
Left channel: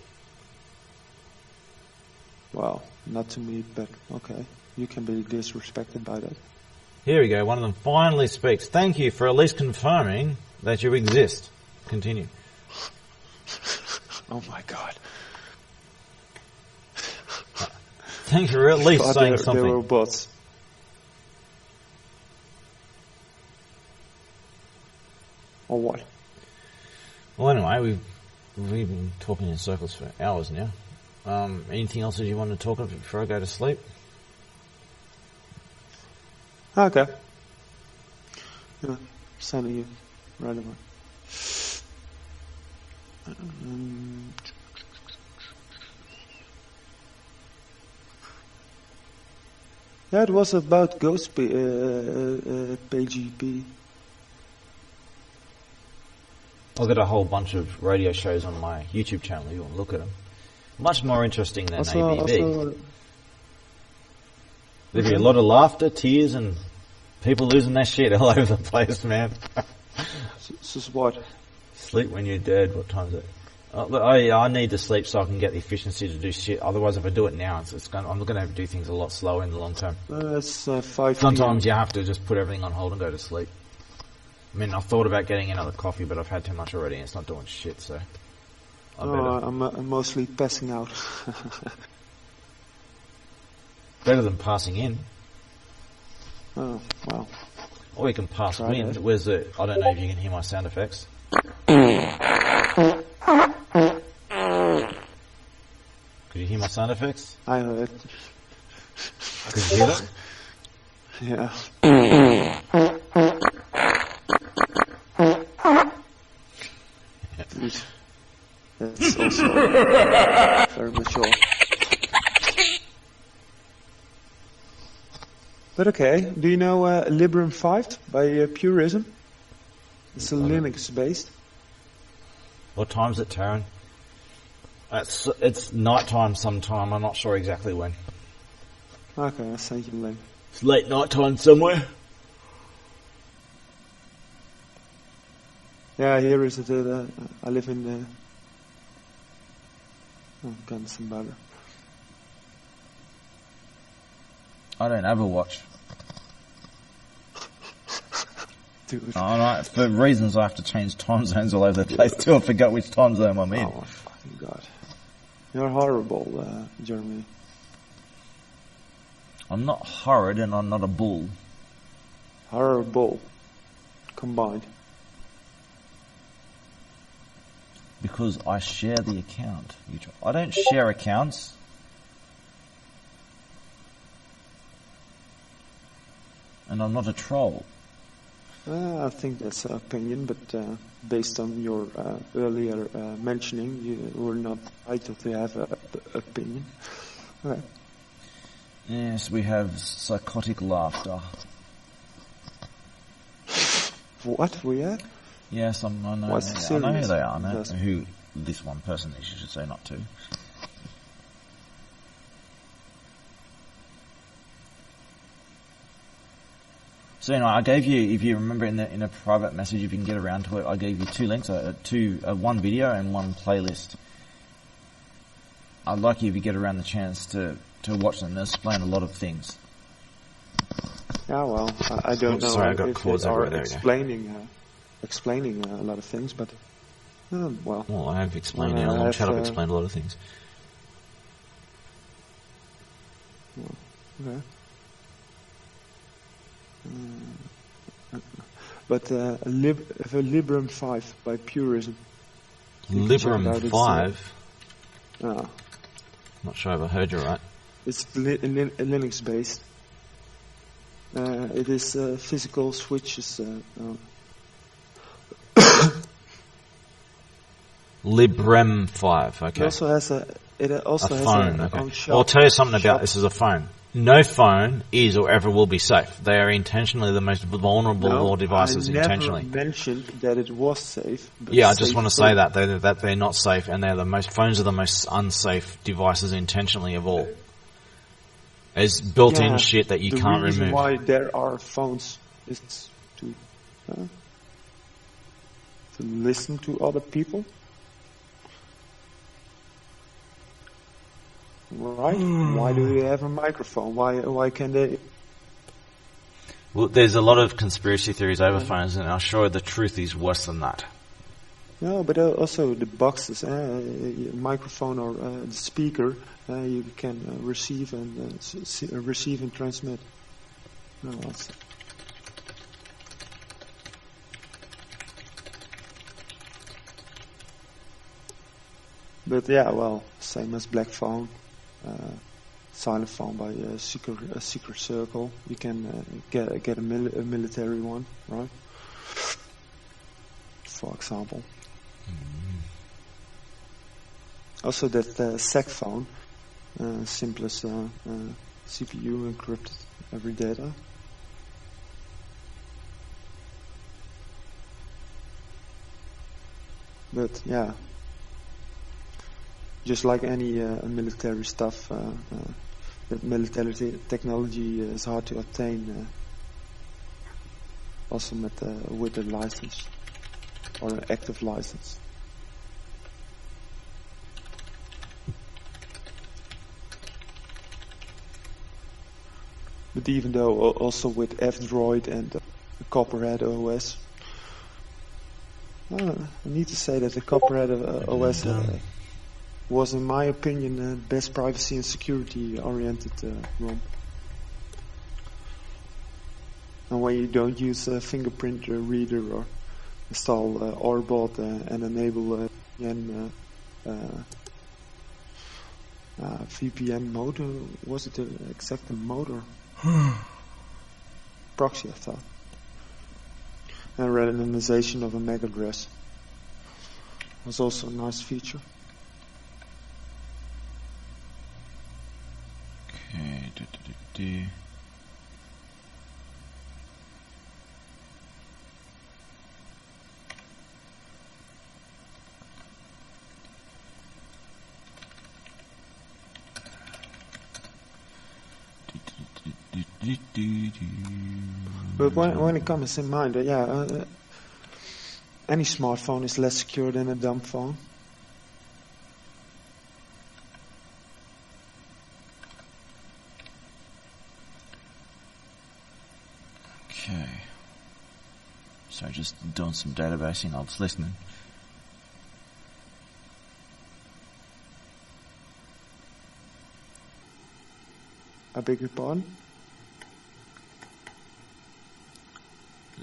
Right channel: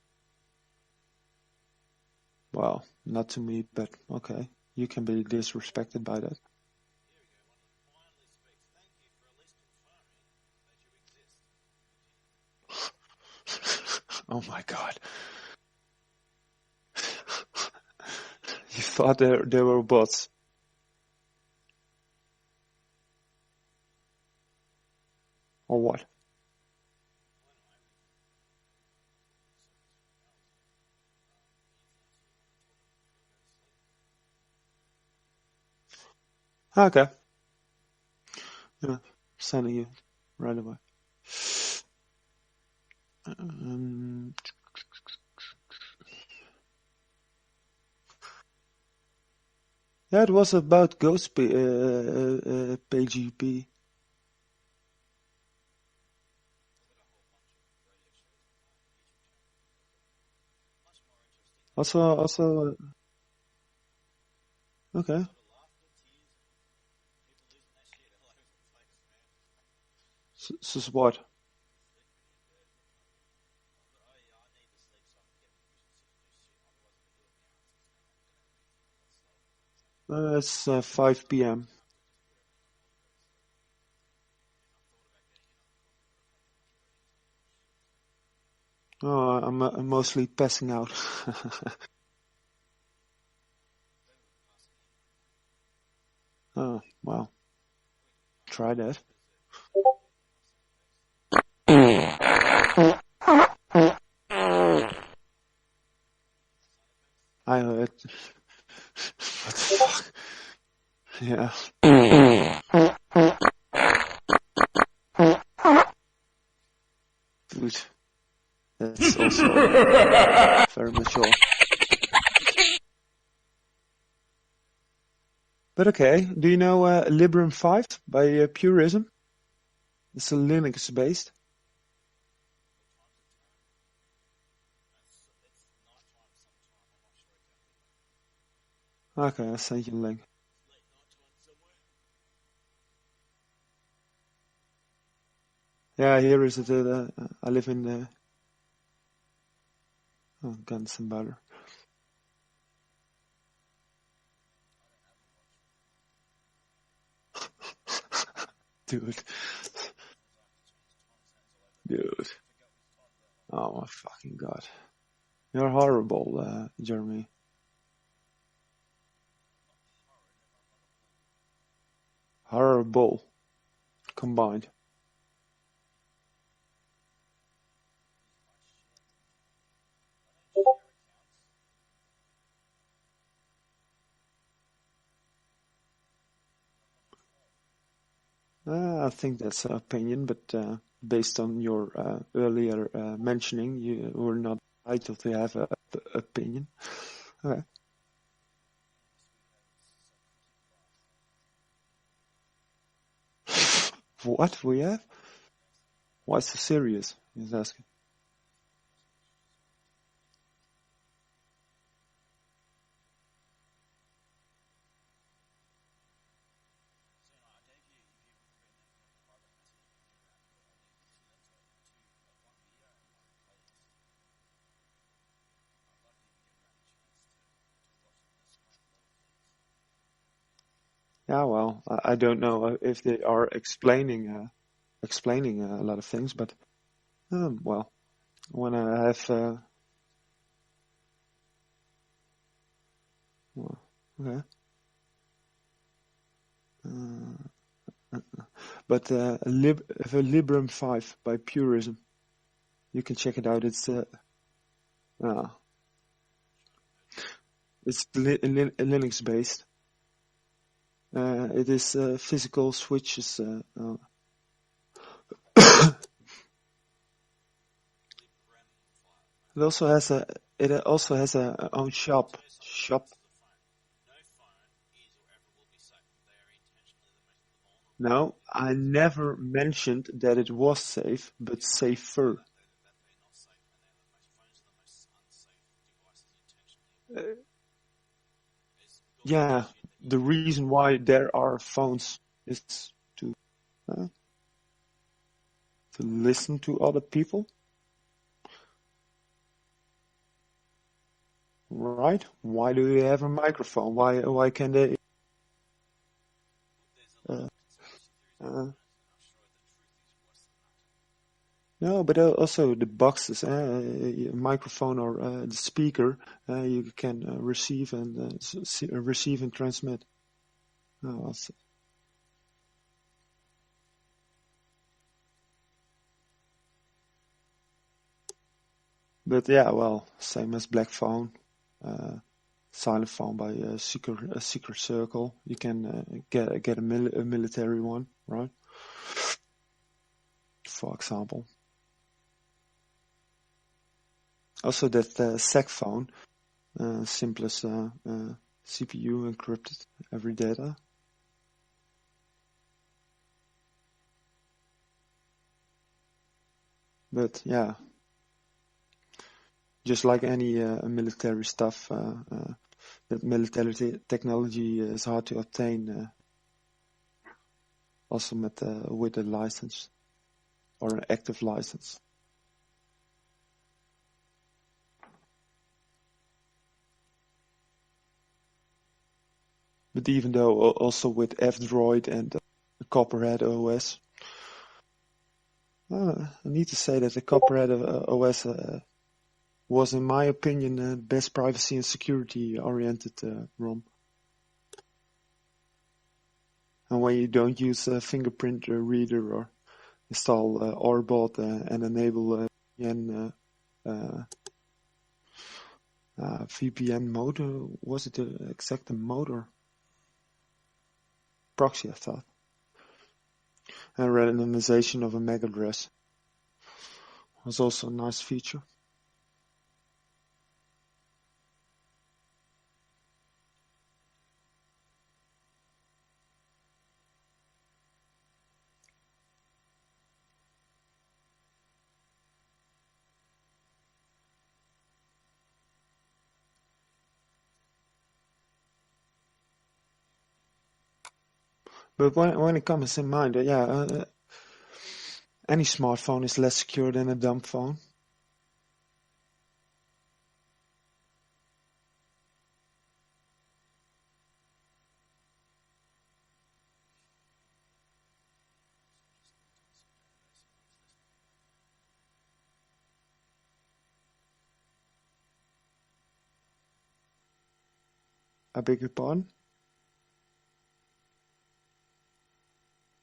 Well, not to me, but okay. You can be disrespected by that. Here we go. One of them finally speaks. Thank you for at least confirming that you exist. Continue. Oh my god. Thank you for at least Thought saying they something. were bots. Or what? Well, anyway, we've been talking in circles for hours now. Anything else that you want to talk about before I go to sleep? Okay. Yeah, sending you right away. Yeah, it was about Ghost PGP. I've got a whole bunch of radio shows on my YouTube channel. You want to look at them? Much more interesting than ABB. There'll be a lot of laughter, tears, and people losing their shit all over the place, man. This is what? Sleep when you're dead. What time is it? I need to sleep so I can get the efficiency to do shit. Otherwise, if I do it now, I'm going to have to do things a lot slower in the long term. It's 5 p.m. Sometimes you have to just put everything on hold and go to sleep. I mean, I've thought about getting another coffee, but I've had too much already and it's not doing shit, so... I'm mostly passing out. Better than passing in. Oh, wow. Or you can pass Try wind. that. Where's the... I don't know if you can hear my sound effects. Could you hear my sound effects? I heard. Could you hear it? Yeah. Dude, that's also very mature. But okay, do you know Librem 5 by Purism? It's a Linux based. What time is it, Taryn? It's night time sometime. I'm not sure exactly when. Okay, I'll send you a link. It's late night time somewhere. Yeah, here is it. I live in Guns and Butter. I don't have a watch. Dude. For reasons I have to change time zones all over the place too. I forgot which time zone I'm in. Oh my fucking god. You're horrible, Jeremy. I'm not horrid and I'm not a bull. Horrible. Combined. Because I share the account. I don't share accounts. And I'm not a troll. I think that's an opinion, but based on your earlier mentioning, you were not entitled to have an opinion. Okay. Yes, we have psychotic laughter. What we have? Yes, I know. What's I know who serious? they are. I know That's- who this one person is. You should say not to. So I gave you, if you remember in a private message, if you can get around to it, I gave you 2 links, one video and one playlist. I'd like you, if you get around the chance, to watch them. They explain a lot of things. Yeah, well, I don't know Sorry, I got if they claws are everywhere, yeah. explaining a lot of things, but well, Well, I have explained When in I our have, chat. I've explained a lot of things. okay. But Librem 5 by Purism. You can check it out. Librem 5. Uh, Not sure if I heard you right. it's Linux based. It is physical switches. Librem 5. Okay. It also has a phone. Okay. own shop. I'll tell you something shop. about this as a phone. No phone is or ever will be safe. They are intentionally the most vulnerable of all devices. I never Intentionally. mentioned that it was safe. But Yeah, I just safe want to free. say that they're not safe, and phones are the most unsafe devices intentionally of all. There's built-in shit that you the can't reason remove. why there are phones is to listen to other people, right? Why do they have a microphone? Why can they? Well, there's a lot of conspiracy theories over phones, and I'm sure the truth is worse than that. No, but also the boxes, microphone or the speaker, you can receive and receive and transmit. No, that's- But yeah, well, same as Black Phone, Silent Phone by Secret Circle. You can get a military one, right? For example. Also that SEC phone, simplest CPU encrypted every data. But yeah, just like any military stuff, that military technology is hard to obtain. Also with a license or an active license. But even though also with F-Droid and Copperhead OS, I need to say that the Copperhead OS was, in my opinion, the best privacy and security oriented ROM. And when you don't use a fingerprint reader or install Orbot and enable VPN mode, was it the exact mode or proxy, I thought. And randomization of a MAC address was also a nice feature. Okay. But when it comes in mind, any smartphone is less secure than a dumb phone. Okay. So just doing some databasing. I was listening. I beg your pardon?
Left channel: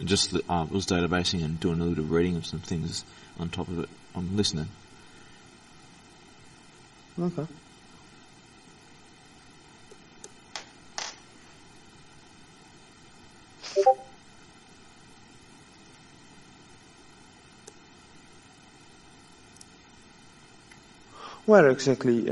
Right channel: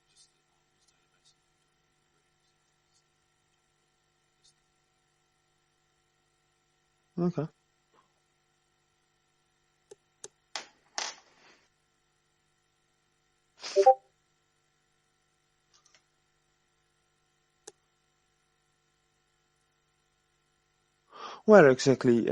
Just was databasing and doing a little reading of some things on top of it. I'm listening. Okay. Where exactly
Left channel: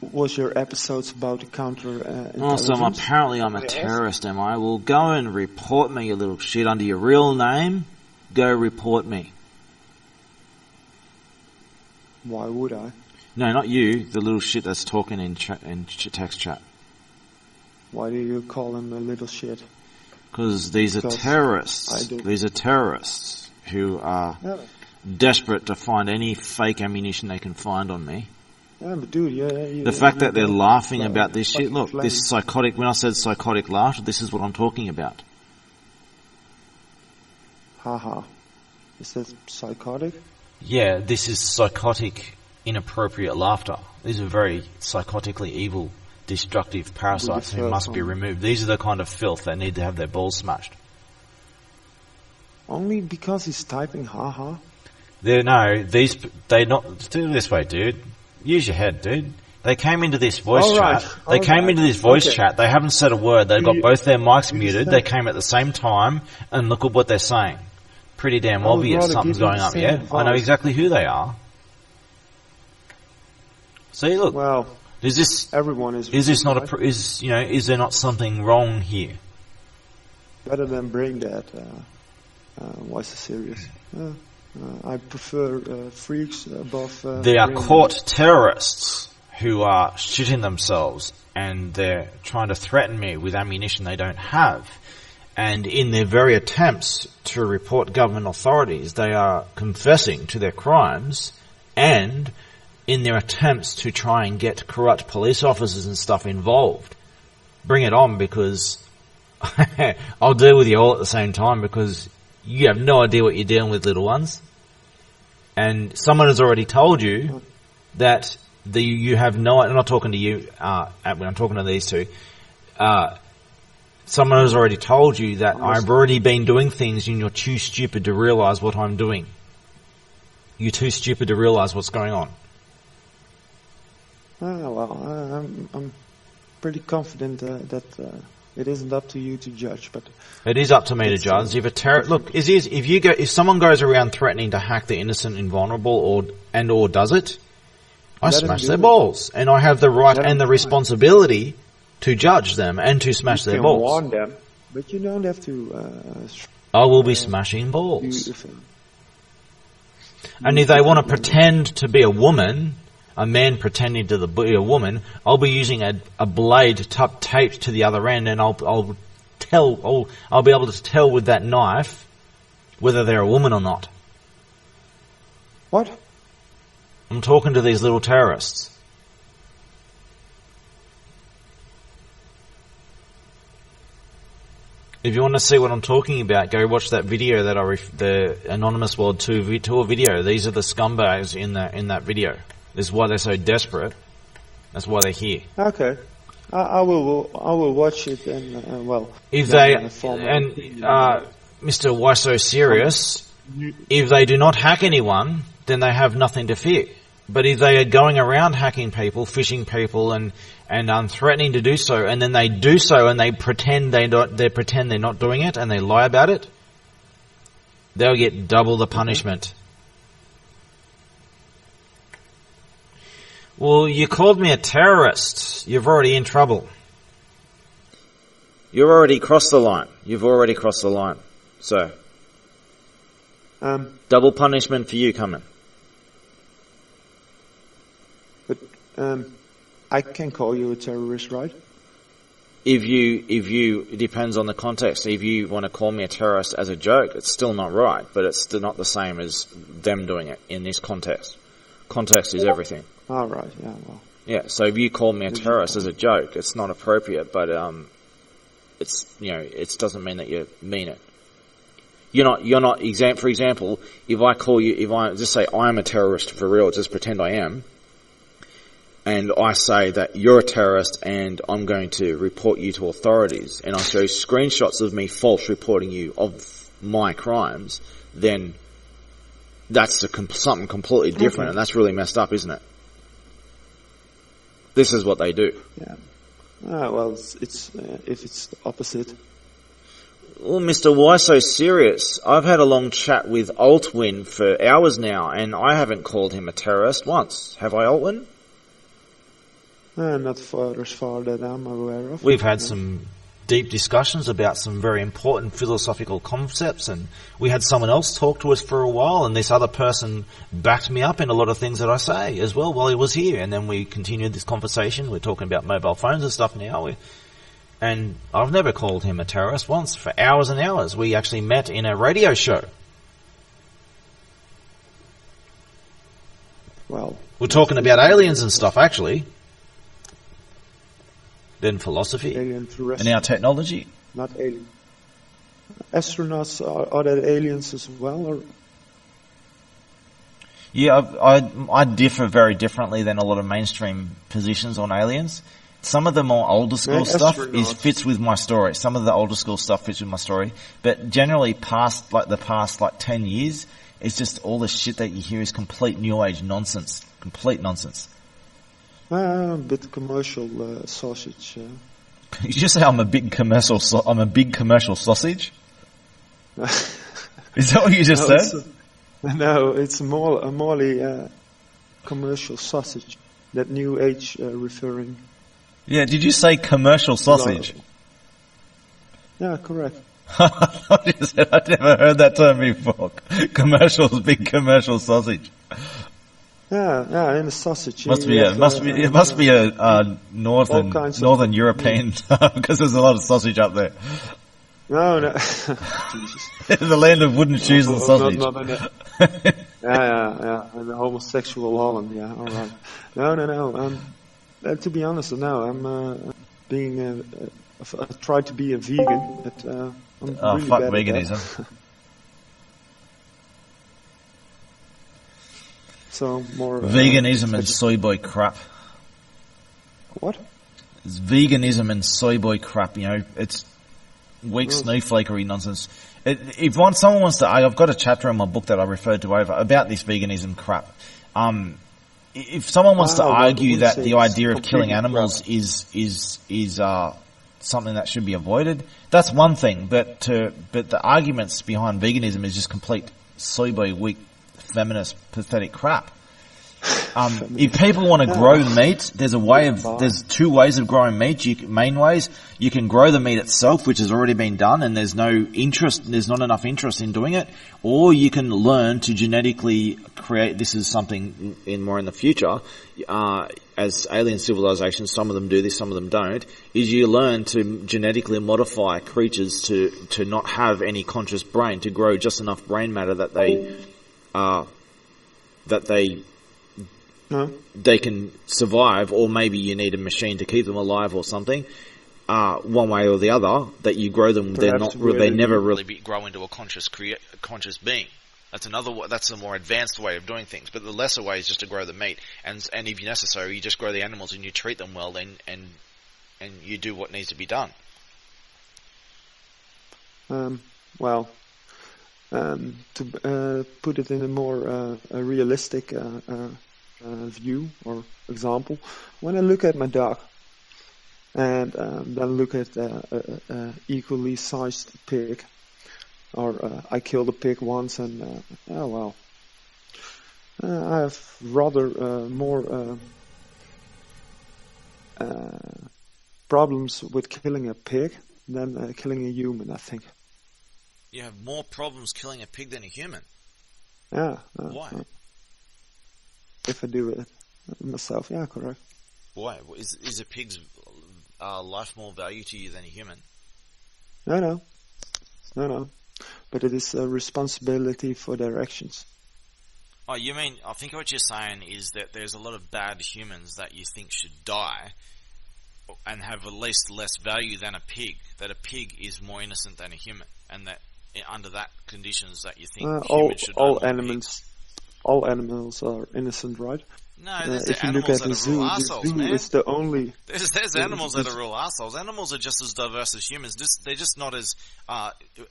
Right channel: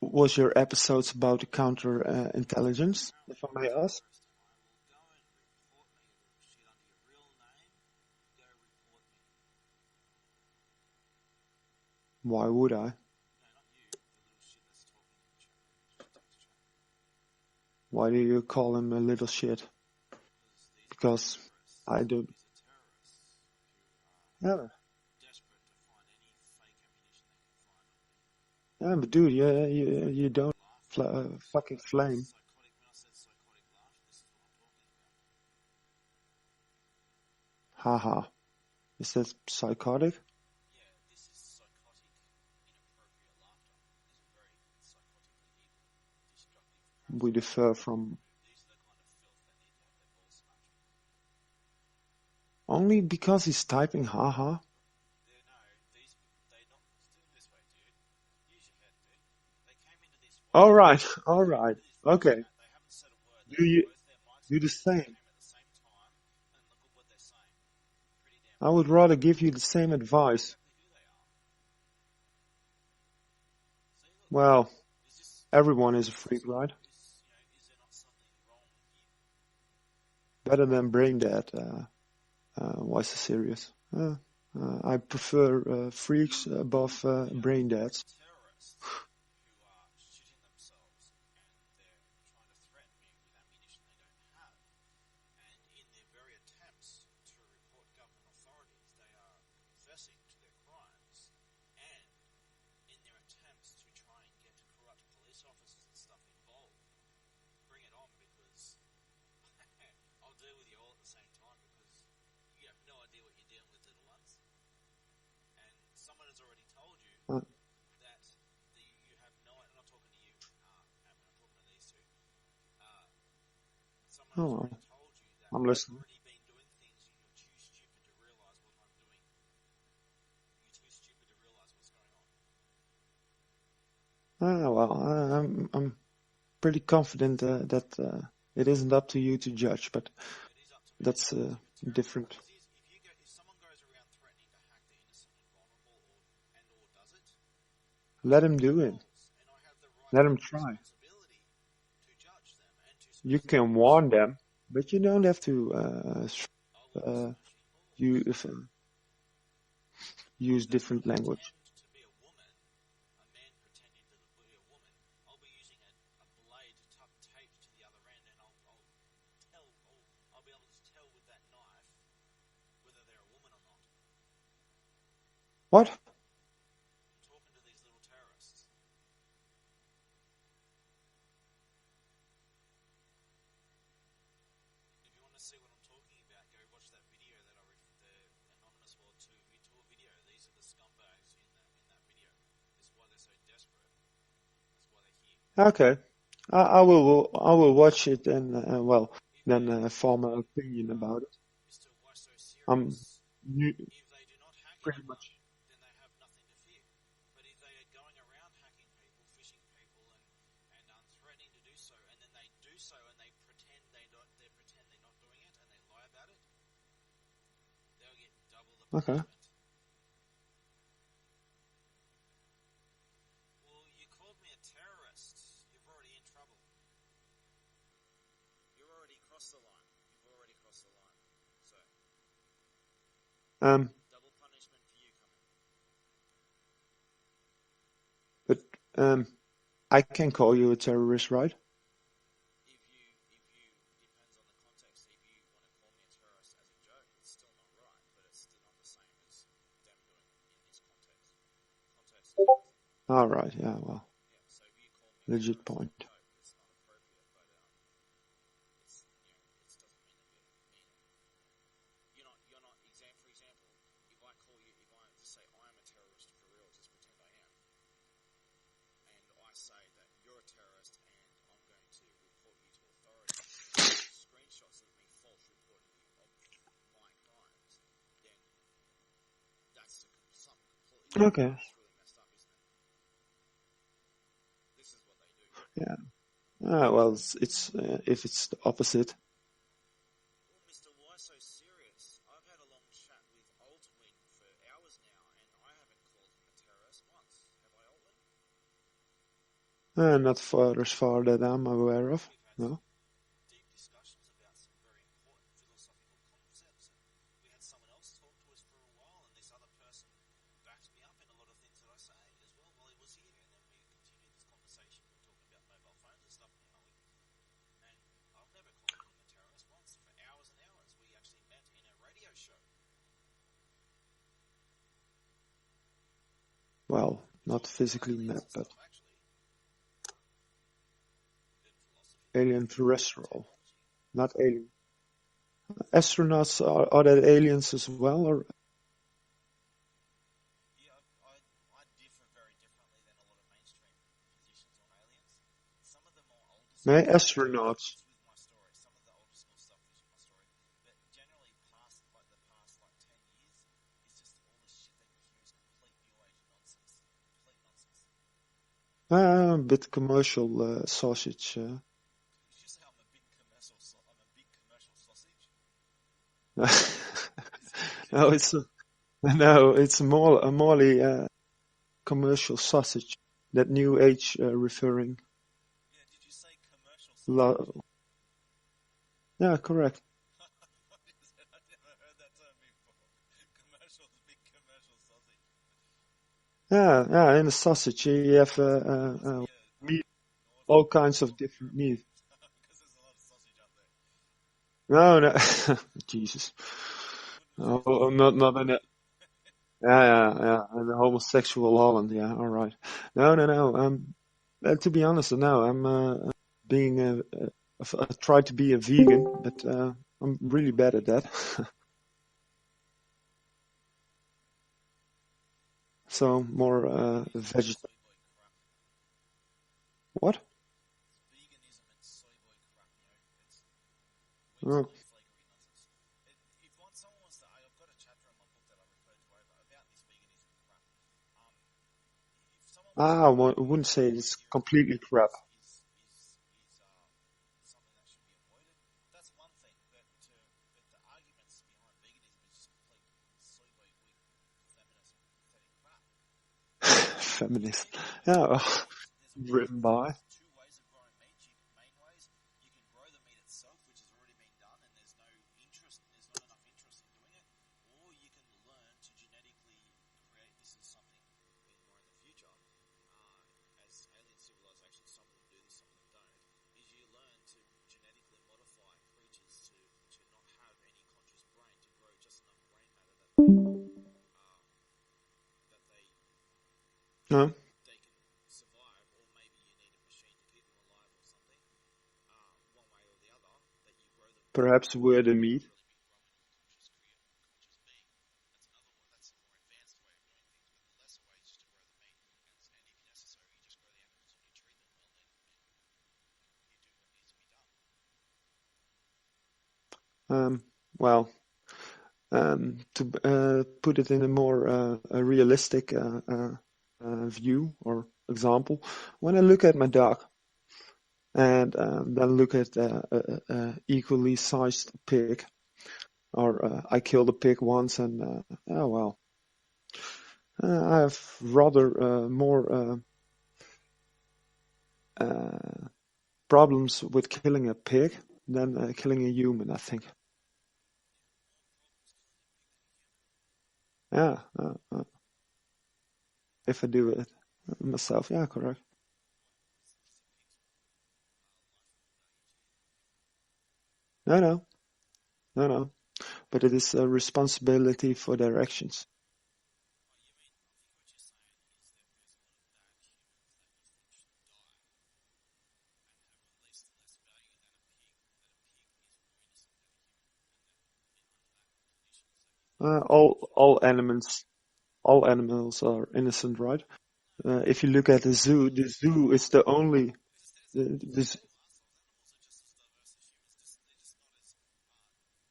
was your episodes about the counter-intelligence? Also, apparently I'm a terrorist, am I? Well, go and report me, you little shit, under your real name. Go report me. Why would I? No, not you, the little shit that's talking in text chat. Why do you call him a little shit? Because these are Because terrorists. I do. These are terrorists who are Yeah, desperate to find any fake ammunition they can find on me. yeah, but dude, The fact that they're laughing fla- about this shit, fucking look, flame. this psychotic, when I said psychotic laughter, this is what I'm talking about. Haha. Is that psychotic? Yeah, this is psychotic, inappropriate laughter. These are very psychotically evil, destructive parasites who defer must be from- removed. These are the kind of filth that need to have their balls smashed. Only because he's typing haha? They not do it this way, dude. Use your head, dude. They came into this voice All chat. right, They all came right. into this voice Okay. chat. They haven't said a word. They've got You- both their mics you muted. just They say- came at the same time, and look at what they're saying. Pretty damn I would obvious rather something's give you going the up. same Yeah, I know advice. exactly who they are. See, look, Well, is this everyone is. is this not right? is there not something wrong here? Better than brain dead. Why so serious? I prefer freaks above. They are brain caught dead. terrorists who are shitting themselves, and they're trying to threaten me with ammunition they don't have. And in their very attempts to report government authorities, they are confessing to their crimes, and in their attempts to try and get corrupt police officers and stuff involved. Bring it on, because I'll deal with you all at the same time, because you have no idea what you're dealing with, little ones. And someone has already told you that you have no. I'm not talking to you. When I'm talking to these two, someone has already told you that I've already been doing things, and you're too stupid to realise what I'm doing. You're too stupid to realise what's going on. I'm pretty confident that it isn't up to you to judge, but It is up to me to That's, judge. If a different. look, if someone goes around threatening to hack the innocent and vulnerable, or does it, I Let him smash do their it. balls, and I have the right Let him and the try. responsibility to judge them and to smash you their can balls. warn them, but you don't have to. I will be smashing balls. And if they want to pretend to be a woman, a man pretending to be a woman, I'll be using a blade taped to the other end, and I'll be able to tell with that knife whether they're a woman or not. What? I'm talking to these little terrorists. If you want to see what I'm talking about, go watch that video that the Anonymous World Tour video. These are the scumbags in that video. This is why they're so desperate. That's why they're here. Okay, I will watch it and If then, they form my and opinion about it. Mr. Why So Serious, if they do not hack anyone, then they have nothing to fear. But if they are going around hacking people, phishing people, and threatening to do so, and then they do so, and they pretend they're not doing it, and they lie about it, they'll get double the punishment. Well, you called me a terrorist. You're already in trouble. You've already crossed the line. So, double punishment for you coming. But I can call you a terrorist, right? If you, it depends on the context. If you want to call me a terrorist as a joke, it's still not right, but it's still not the same as them doing it in this context. Context is everything. All right. Yeah. Well. Yeah. So if you call me a There's your terrorist as point. a joke, it's not appropriate, but it's it doesn't mean that you mean it. You're not for example, if I just say I am a terrorist for real, just pretend I am, and I say that you're a terrorist and I'm going to report you to authorities, and I show screenshots of me false reporting you of my crimes, then That's something completely different, Okay. and that's really messed up, isn't it? This is what they do. Yeah. Well, it's if it's the opposite. Well, Mr. Why so serious? I've had a long chat with Altwin for hours now, and I haven't called him a terrorist once. Have I, Altwin? Not far as far that I'm aware of. We've had No. some deep discussions about some very important philosophical concepts, and we had someone else talk to us for a while, and this other person backed me up in a lot of things that I say as well while he was here, and then we continued this conversation. We're talking about mobile phones and stuff now, and I've never called him a terrorist once for hours and hours. We actually met in a radio show. Well, We're not talking about physically, aliens and stuff, actually. Then philosophy. Alien And terrestrial, our technology. not alien. Astronauts are they aliens as well, or Yeah, I differ very differently than a lot of mainstream positions on aliens. Some of the more older school Yeah, stuff astronauts. fits with my story. Some of the older school stuff fits with my story. But generally past 10 years, it's just all the shit that you hear is complete new age nonsense. Complete nonsense. a bit commercial sausage? You just say I'm a big commercial sausage? Is that what you just No, said? it's a Morley commercial sausage. That new age referring. Yeah, did you say commercial sausage? Yeah, correct. I've never heard that term before. Big commercial sausage. Yeah, in a sausage. It must be a all kinds of- northern European because there's a lot of sausage up there. No, Jesus. The land of wooden shoes and sausage. Not in it. Yeah, and the homosexual Holland. Yeah, all right. No. To be honest, no. I'm being. I tried to be a vegan, but I'm really fuck bad veganism. at that. So more Veganism and soy boy crap. What? It's veganism and soy boy crap. You know, it's weak snowflakery nonsense. Someone wants to, I've got a chapter in my book that I referred to over about this veganism crap. If someone wants to argue that the idea of killing animals is something that should be avoided, that's one thing. But the arguments behind veganism is just complete soy boy, weak, feminist, pathetic crap. If people want to grow meat, there's two ways of growing meat. Main ways, you can grow the meat itself, which has already been done, and there's not enough interest in doing it, or you can learn to genetically create. This is something more in the future, as alien civilizations, some of them do this, some of them don't, is you learn to genetically modify creatures to not have any conscious brain, to grow just enough brain matter that they can survive, or maybe you need a machine to keep them alive or something. One way or the other, that you grow them, they never really grow into a conscious being. That's a more advanced way of doing things. But the lesser way is just to grow the meat, and if necessary, you just grow the animals and you treat them well, and you do what needs to be done. To put it in a more realistic view or example, when I look at my dog and then look at equally sized pig, or I killed a pig once and I have rather more problems with killing a pig than killing a human, I think. You have more problems killing a pig than a human. Yeah. Why? If I do it myself, yeah, correct. Why? Is a pig's life more value to you than a human? No. But it is a responsibility for their actions. Oh, you mean, I think what you're saying is that there's a lot of bad humans that you think should die and have at least less value than a pig, that a pig is more innocent than a human, and that under that conditions that you think all animals are innocent, right? if you look at the zoo is the only. There's animals that are real assholes. Animals are just as diverse as humans. They're just not as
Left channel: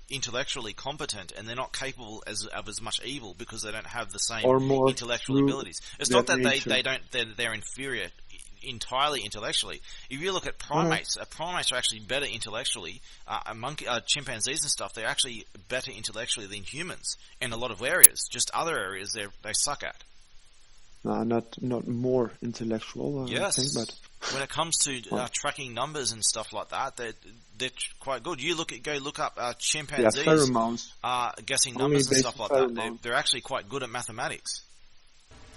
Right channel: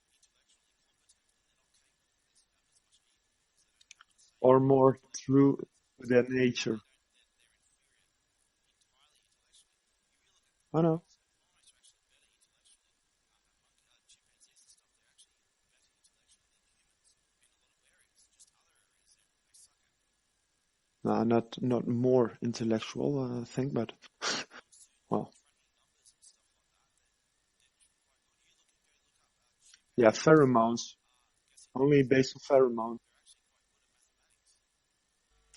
intellectually competent, and they're not capable of as much evil because they don't have the same Or more intellectual through abilities. It's not that nature. they're inferior entirely intellectually. If you look at primates, primates are actually better intellectually. Chimpanzees and stuff, they're actually better intellectually than humans in a lot of areas. Just other areas they suck at. No, not more intellectual, Yes. I think, but When it comes to tracking numbers and stuff like that, they're quite good. Go look up chimpanzees. pheromones. Guessing Only numbers and based stuff on like that. pheromones. They're actually quite good at mathematics.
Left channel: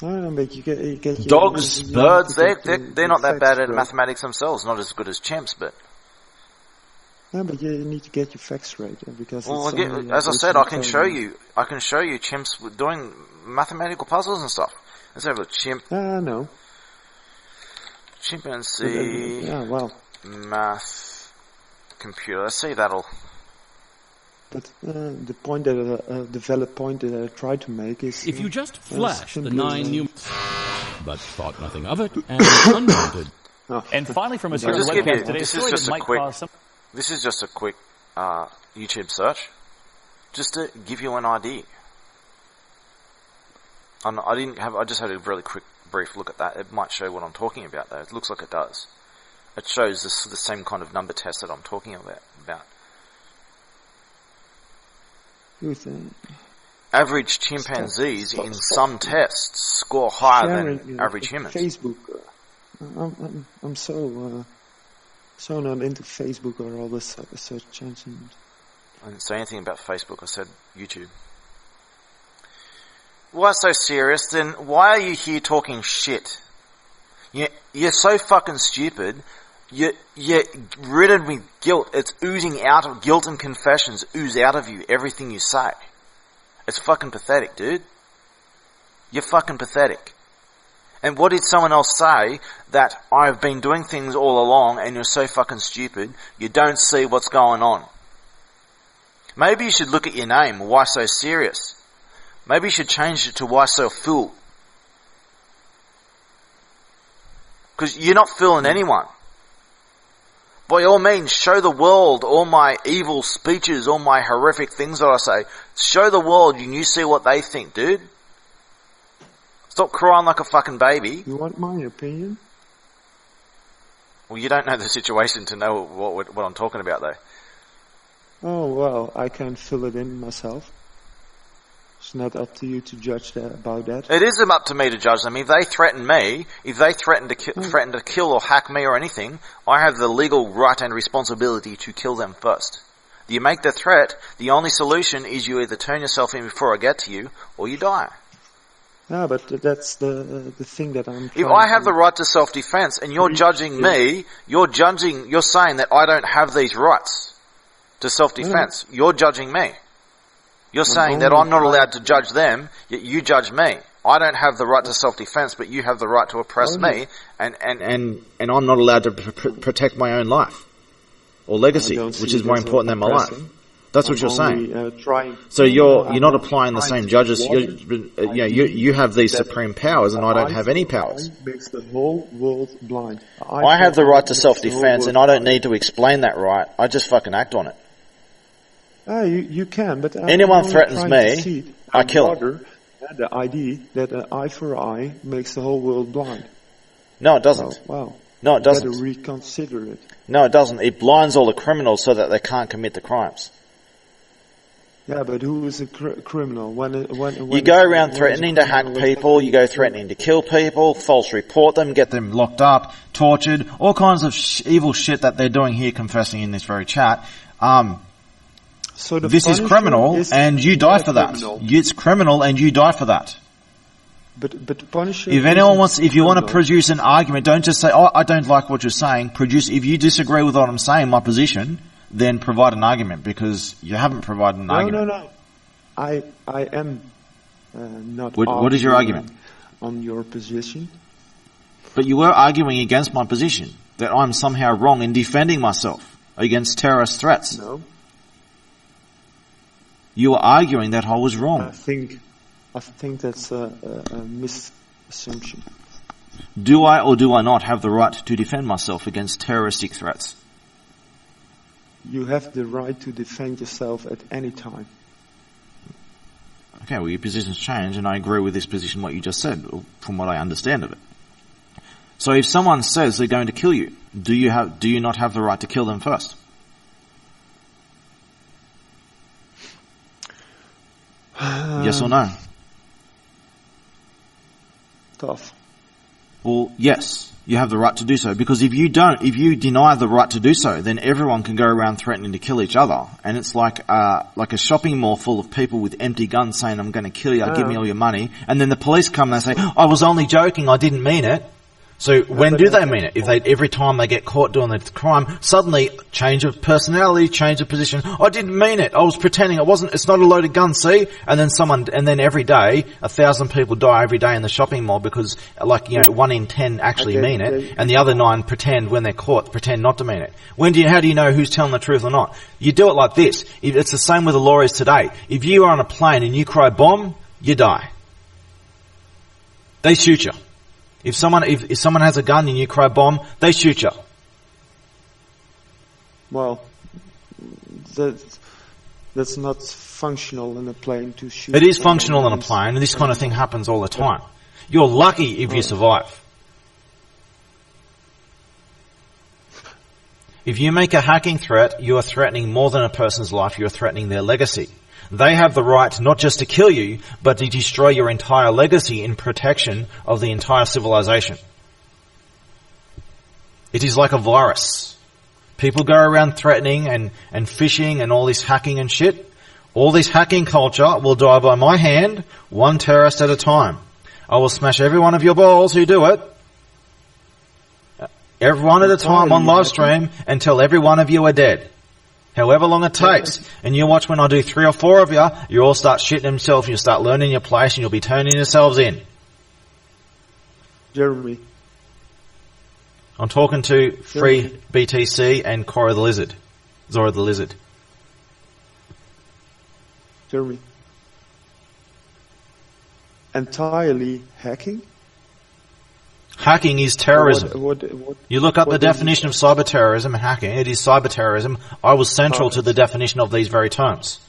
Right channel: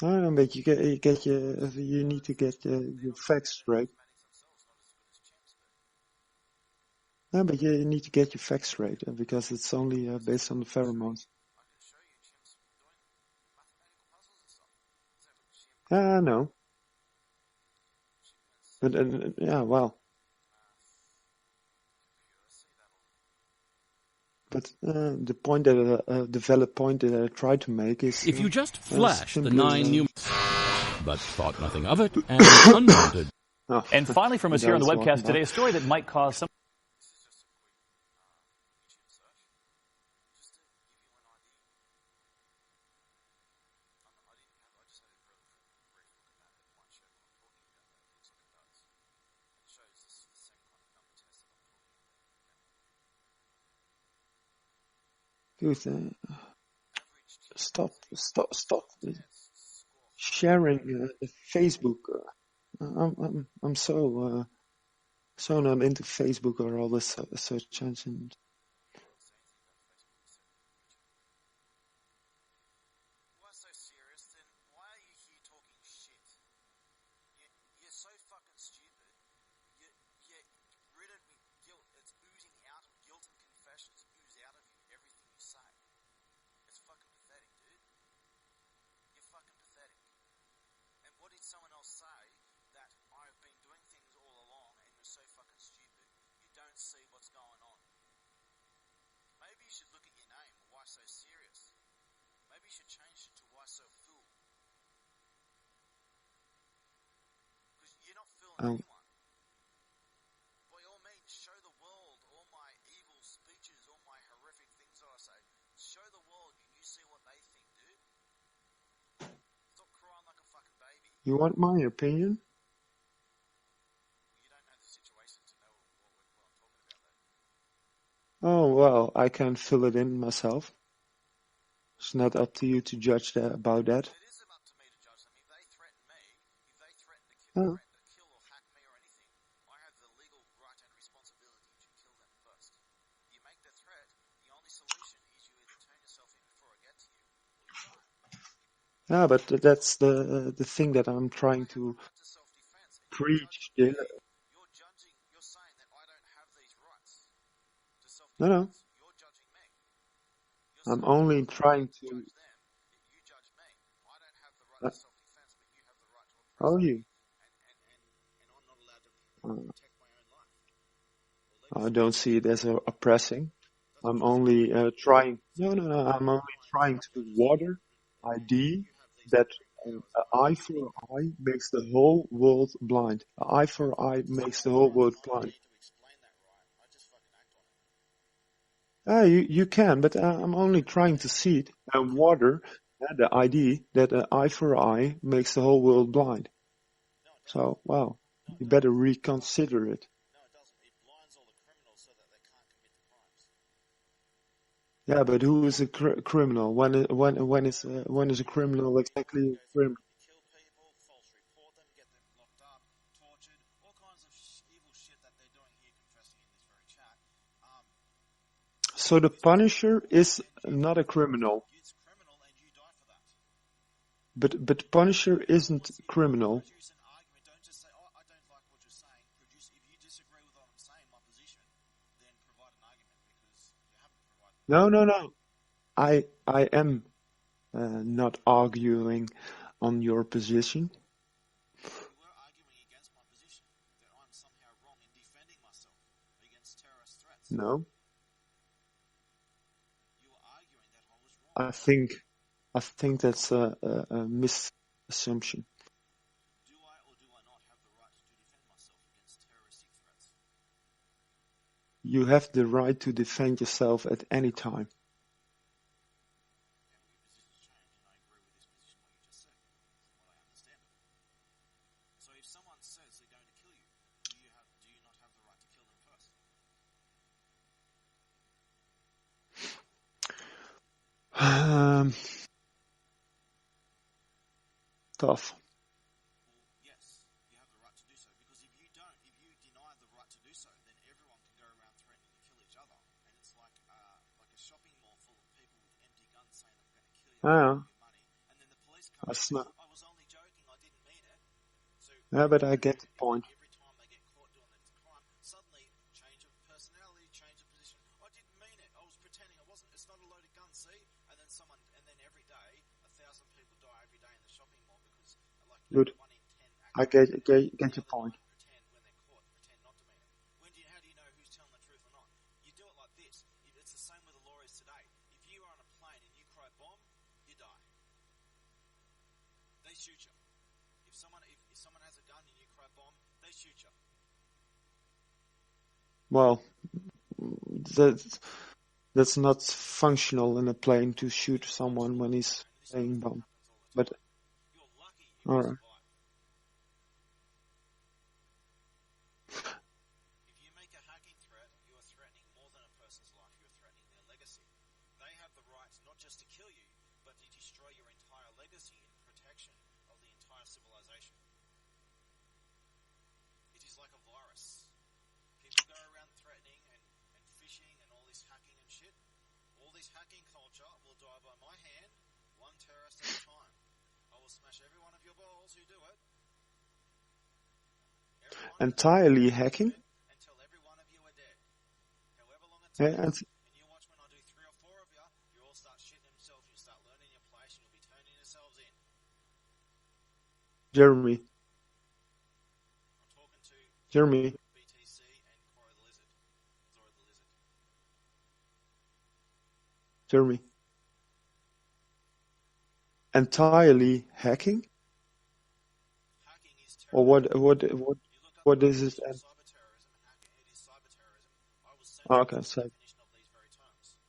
No, but you get your Dogs, you need birds, to get they're your not that facts bad at straight. mathematics themselves. Not as good as chimps, but No, but you need to get your facts straight because well, it's only. as I based said, on I can show pheromones. you. I can show you chimps doing mathematical puzzles and stuff. Let's have a chimp, No. chimpanzee, Well, math, computer. Let's see that'll. but the point the valid point that I tried to make is If you just flash the simply, 9 new... but thought nothing of it, and unwanted. And finally from us here on the Just give webcast you- today, a this is story just that a might quick- cause some... This is just a quick YouTube search, just to give you an idea. I just had a really quick, brief look at that. It might show what I'm talking about, though. It looks like it does. It shows the same kind of number test that I'm talking about. good, Average chimpanzees in some tests score higher sharing than average humans. Facebook. I'm so not into Facebook or all this search engine. I didn't say anything about Facebook. I said YouTube. Why so serious? Then why are you here talking shit? You're so fucking stupid. You're ridden with guilt. It's oozing out of guilt and confessions ooze out of you. Everything you say. It's fucking pathetic, dude. You're fucking pathetic. And what did someone else say? That I've been doing things all along and you're so fucking stupid, you don't see what's going on. Maybe you should look at your name. Why so serious? Maybe you should change it to why so fool. Because you're not fooling anyone. By all means, show the world all my evil speeches, all my horrific things that I say. Show the world and you see what they think, dude. Stop crying like a fucking baby. You want my opinion? Well, you don't know the situation to know what I'm talking about, though. Oh, well, I can fill it in myself. It's not up to you to judge about that. It is up to me to judge them. If they threaten me, if they threaten to kill or hack me or anything, I have the legal right and responsibility to kill them first. You make the threat, the only solution is you either turn yourself in before I get to you, or you die. Yeah, but that's the thing that I'm trying If I have to the right to self-defense and you're preach judging is- me, you're saying that I don't have these rights to self-defense. You're judging me. You're saying that only I'm not trying allowed to judge them, yet you judge me. I don't have the right to self-defense, but you have the right to oppress me, and I'm not allowed to protect my own life or legacy, I don't which see is it more as important than my life. oppressing. That's what I'm you're saying. only, trying. So No, you're I'm not applying the trying same to judges. water You have these that supreme powers, and I don't have any powers. Makes the whole world blind. I have the right to makes the whole self-defense, world and I don't blind. need to explain that right. I just fucking act on it. You can, but Anyone I'm only threatens trying me, to see it. I kill 'em. Water, the idea that an eye for eye makes the whole world blind. No, it doesn't. So, wow. No, it You better doesn't. reconsider it. No, it doesn't. It blinds all the criminals so that they can't commit the crimes. Yeah, but who is a criminal? When You is- go when around is a threatening to hack criminal people, you go exactly- threatening to kill people, false report them, get them locked up, tortured, all kinds of evil shit that they're doing here confessing in this very chat. So the This is Punisher criminal, is and you not die a for that. criminal. It's criminal, and you die for that. But Punisher. If anyone isn't wants, if you want to criminal. produce an argument, don't just say, "Oh, I don't like what you're saying." If you disagree with what I'm saying, my position, then provide an argument because you haven't provided an argument. No. I am not. What is your arguing argument? on your position? But you were arguing against my position that I'm somehow wrong in defending myself against terrorist threats. No, You were arguing that I was I wrong. think that's a misassumption. Do I or do I not have the right to defend myself against terroristic threats? You have the right to defend yourself at any time. Okay, well, your position's changed, and I agree with this position, what you just said, from what I understand of it. So if someone says they're going to kill you, do you not have the right to kill them first? Yes or no? Tough. Well, yes, you have the right to do so, because if you deny the right to do so, then everyone can go around threatening to kill each other, and it's like a shopping mall full of people with empty guns saying, "I'm going to kill you, give me all your money," and then the police come and they say, "I was only joking, I didn't mean it." So when do they mean it? If every time they get caught doing the crime, suddenly change of personality, change of position. I didn't mean it. I was pretending. It's not a loaded gun, see? And then every day, 1,000 people die every day in the shopping mall because 1 in 10 actually mean it. And the other 9 pretend when they're caught, pretend not to mean it. How do you know who's telling the truth or not? You do it like this. It's the same with the law is today. If you are on a plane and you cry bomb, you die. They shoot you. If someone has a gun and you cry bomb, they shoot you. Well, that's not functional in a plane to shoot. It is functional in a plane, and this kind of thing happens all the time. You're lucky if you survive. If you make a hacking threat, you are threatening more than a person's life, you are threatening their legacy. They have the right not just to kill you, but to destroy your entire legacy in protection of the entire civilization. It is like a virus. People go around threatening and phishing and all this hacking and shit. All this hacking culture will die by my hand, one terrorist at a time. I will smash every one of your balls who do it, every one at a time on live stream, until every one of you are dead. However long it takes. And you watch when I do 3 or 4 of you, you all start shitting themselves and you start learning your place and you'll be turning yourselves in. Jeremy. I'm talking to Free BTC and Zora the Lizard. Jeremy. Entirely hacking? Hacking is terrorism. What you look up the definition of cyber terrorism and hacking. It is cyber terrorism. I was central to the definition of these very terms.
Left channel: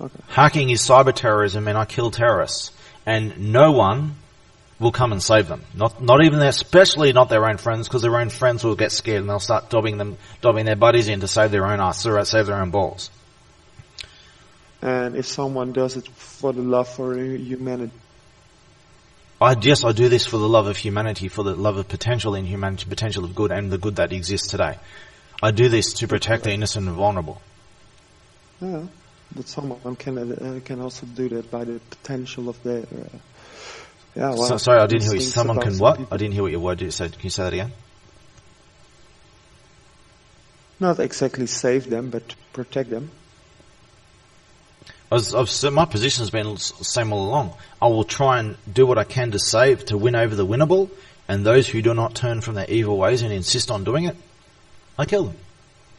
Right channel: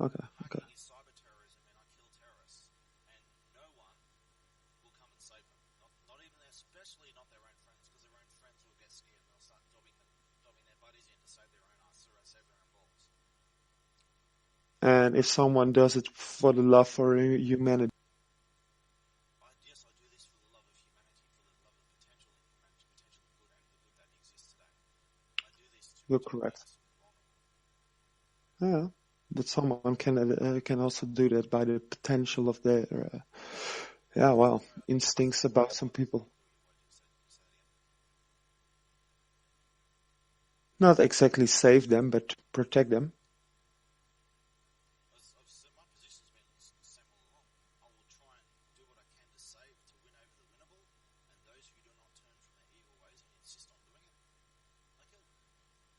Okay. Hacking is cyber terrorism, and I kill terrorists. And no one will come and save them. Not even especially not their own friends, because their own friends will get scared and they'll start dobbing their buddies in to save their own ass, or save their own balls. And if someone does it for the love for humanity? I do this for the love of humanity, for the love of potential in humanity, potential of good, and the good that exists today. I do this to protect the innocent and vulnerable. Yeah, but someone can also do that by the potential of their. Sorry, I didn't hear you. Someone can what? People. I didn't hear what your word you said. Can you say that again? Not exactly save them, but protect them. My position has been the same all along. I will try and do what I can to win over the winnable, and those who do not turn from their evil ways and insist on doing it, I kill them.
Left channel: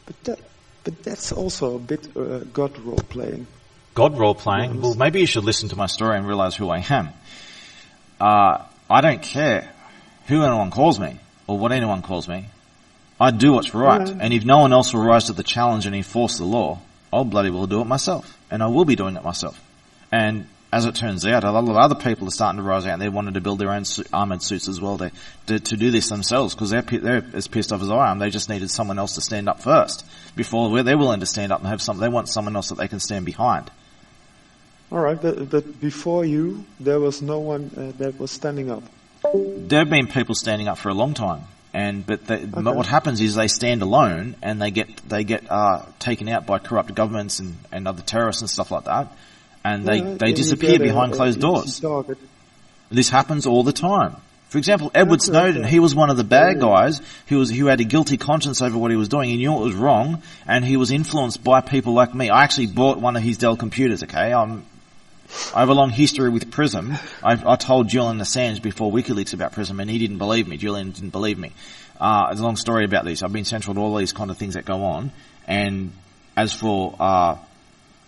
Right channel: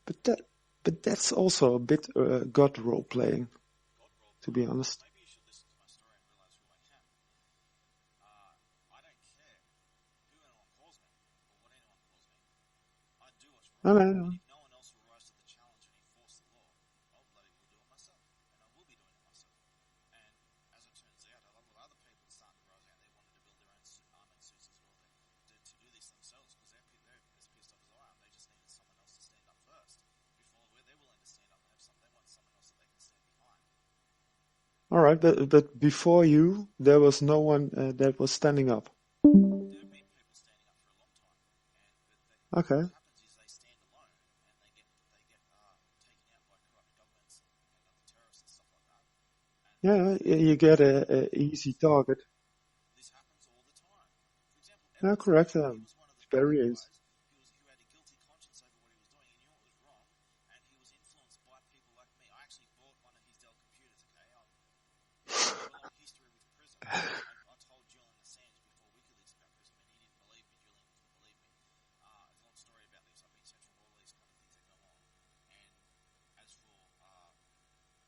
But that's also a bit God role playing. God role playing? Well, maybe you should listen to my story and realize who I am. I don't care who anyone calls me or what anyone calls me. I do what's right, and if no one else will rise to the challenge and enforce the law, I'll bloody well do it myself, and I will be doing it myself. And as it turns out, a lot of other people are starting to rise out and they wanted to build their own armoured suits as well to do this themselves, because they're as pissed off as I am. They just needed someone else to stand up first before they're willing to stand up and they want someone else that they can stand behind. All right, but before you, there was no one that was standing up. There have been people standing up for a long time. But what happens is they stand alone and they get taken out by corrupt governments and other terrorists and stuff like that, and they disappear behind closed doors. This happens all the time. For example, Edward Snowden, he was one of the bad guys who had a guilty conscience over what he was doing. He knew it was wrong, and he was influenced by people like me. I actually bought one of his Dell computers. Okay, I have a long history with Prism. I told Julian Assange before WikiLeaks about Prism, and he didn't believe me. Julian didn't believe me. There's a long story about this. I've been central to all these kind of things that go on. And as for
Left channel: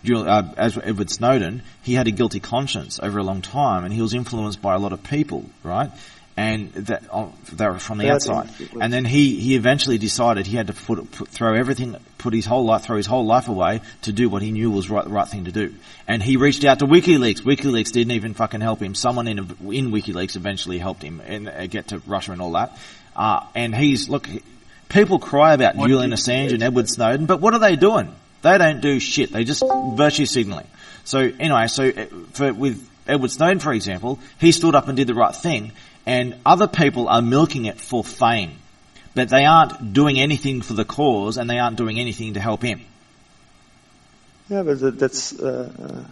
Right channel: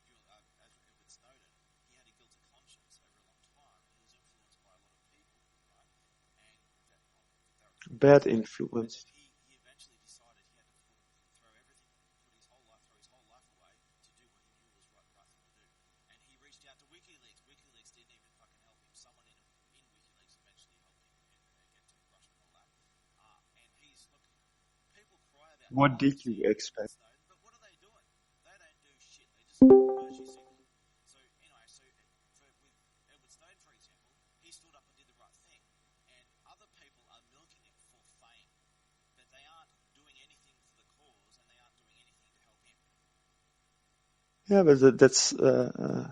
Edward Snowden, he had a guilty conscience over a long time, and he was influenced by a lot of people, right? and that they were from the Bad outside. influence. And then he eventually decided he had to throw his whole life away to do what he knew was the right thing to do. And he reached out to WikiLeaks. WikiLeaks didn't even fucking help him. Someone in WikiLeaks eventually helped him and get to Russia and all that. And people cry about Julian Assange and Edward Snowden, but what are they doing? They don't do shit. They just virtue signaling. So anyway, with Edward Snowden, for example, he stood up and did the right thing, and other people are milking it for fame. But they aren't doing anything for the cause, and they aren't doing anything to help him. Yeah, but that's the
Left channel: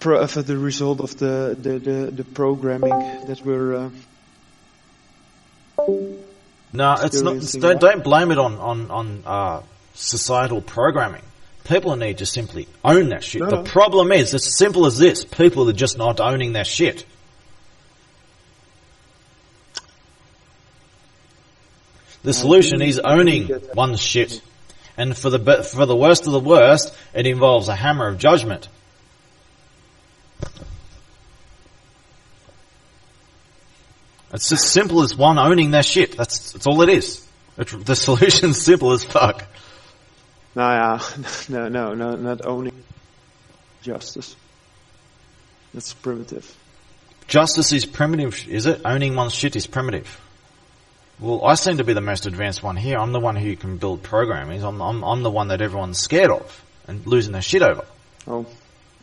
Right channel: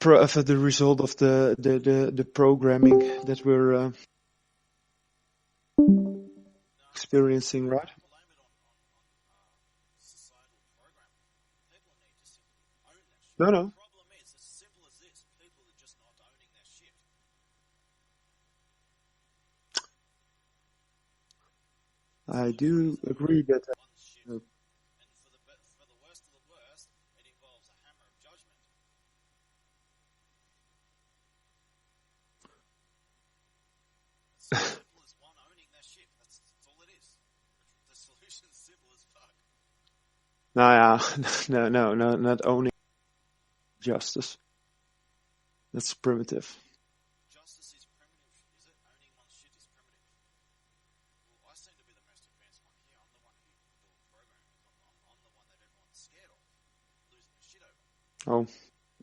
result of the programming that we're No, it's not. experiencing, right? Don't blame it on societal programming. People need to simply own that shit. The problem is, it's as simple as this: people are just not owning their shit. The solution is owning one's shit, and for the worst of the worst, it involves a hammer of judgment. It's as simple as one owning their shit. That's all it is. The solution's simple as fuck. No, not owning justice. That's primitive. Justice is primitive, is it? Owning one's shit is primitive. Well, I seem to be the most advanced one here. I'm the one who can build programs. I'm the one that everyone's scared of and losing their shit over. Oh.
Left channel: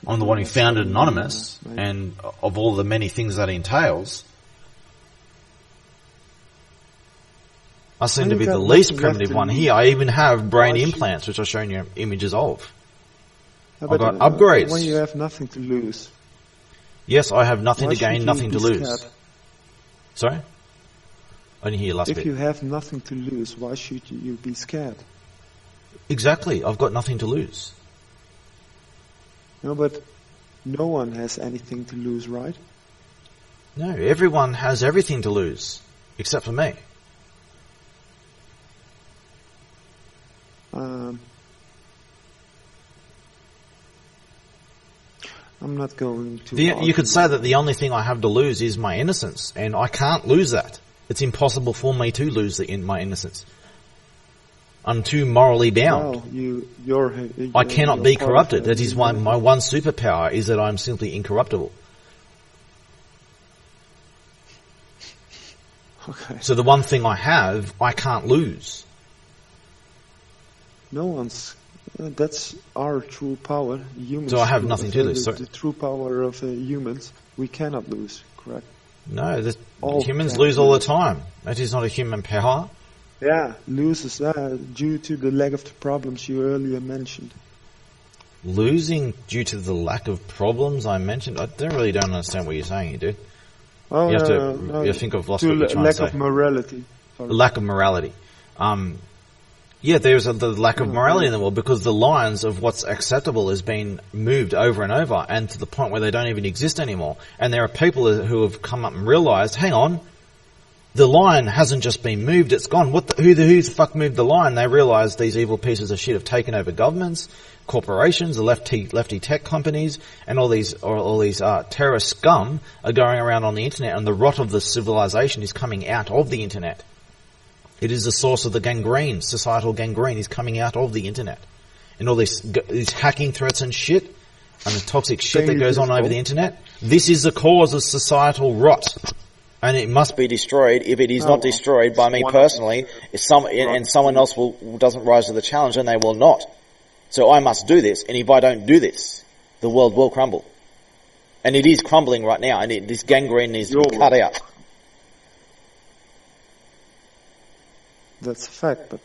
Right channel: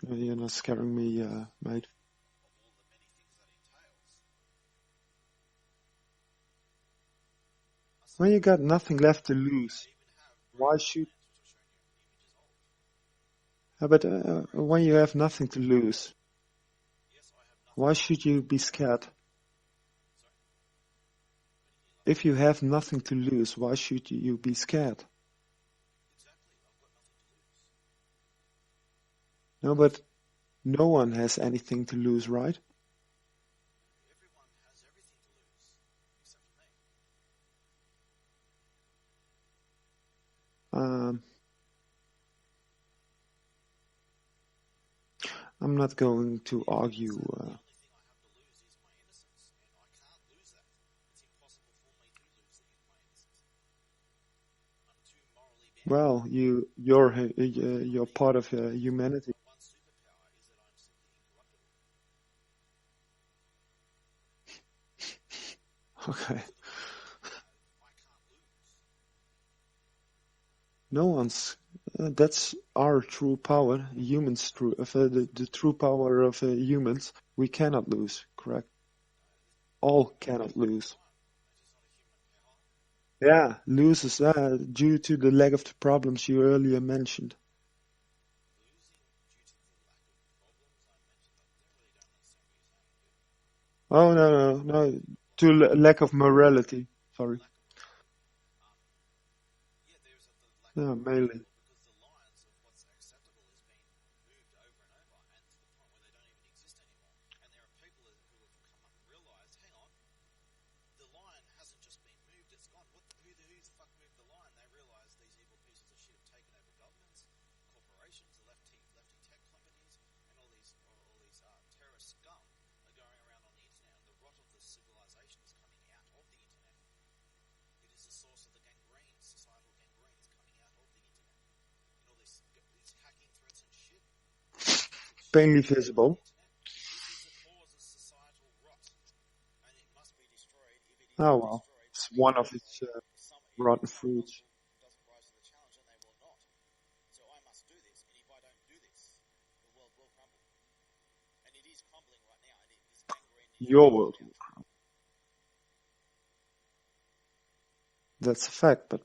I'm the one who founded Anonymous, and of all the many things that entails, I seem to be the least primitive one here. I even have brain implants, which I've shown you images of. Yeah, but I've got upgrades. When you have nothing to lose. Yes, I have nothing to gain, nothing to lose. Scared? Sorry? I didn't hear you last If bit. you have nothing to lose, why should you be scared? Exactly. I've got nothing to lose. No, but no one has anything to lose, right? No, everyone has everything to lose, except for me. I'm not going to. You could say that the only thing I have to lose is my innocence, and I can't lose that. It's impossible for me to lose my innocence. I'm too morally bound. Well, I cannot be corrupted. That is my one superpower, is that I'm simply incorruptible. Okay. So the one thing I have, I can't lose. No one's. That's our true power. Humans. So I have nothing to lose. The true power of humans, we cannot lose. Correct. No, humans lose all the time. That is not a human power. Yeah, loses due to the lack of the problems you earlier mentioned. Losing due to the lack of problems I mentioned? I don't understand what you're saying here, dude. Oh, no. You think I've lost to what you're trying lack to say. of morality. Sorry. Lack of morality. Yeah, there's the lack of morality in the world because the lines of what's acceptable has been moved over and over, and to the point where they don't even exist anymore. And there are people who have come up and realised, hang on, the line hasn't just been moved, it's gone. Who the fuck moved the line? They realise these evil pieces of shit have taken over governments, corporations, the lefty tech companies, and all these terrorist scum are going around on the internet, and the rot of the civilization is coming out of the internet. It is the source of the gangrene, societal gangrene is coming out of the internet. And all these hacking threats and shit, and the toxic shit that goes on over the internet. This is the cause of societal rot. And it must be destroyed. If it is not destroyed by me personally, and someone else doesn't rise to the challenge, then they will not. So I must do this, and if I don't do this, the world will crumble. And it is crumbling right now, and this gangrene is cut out. That's a fact, but...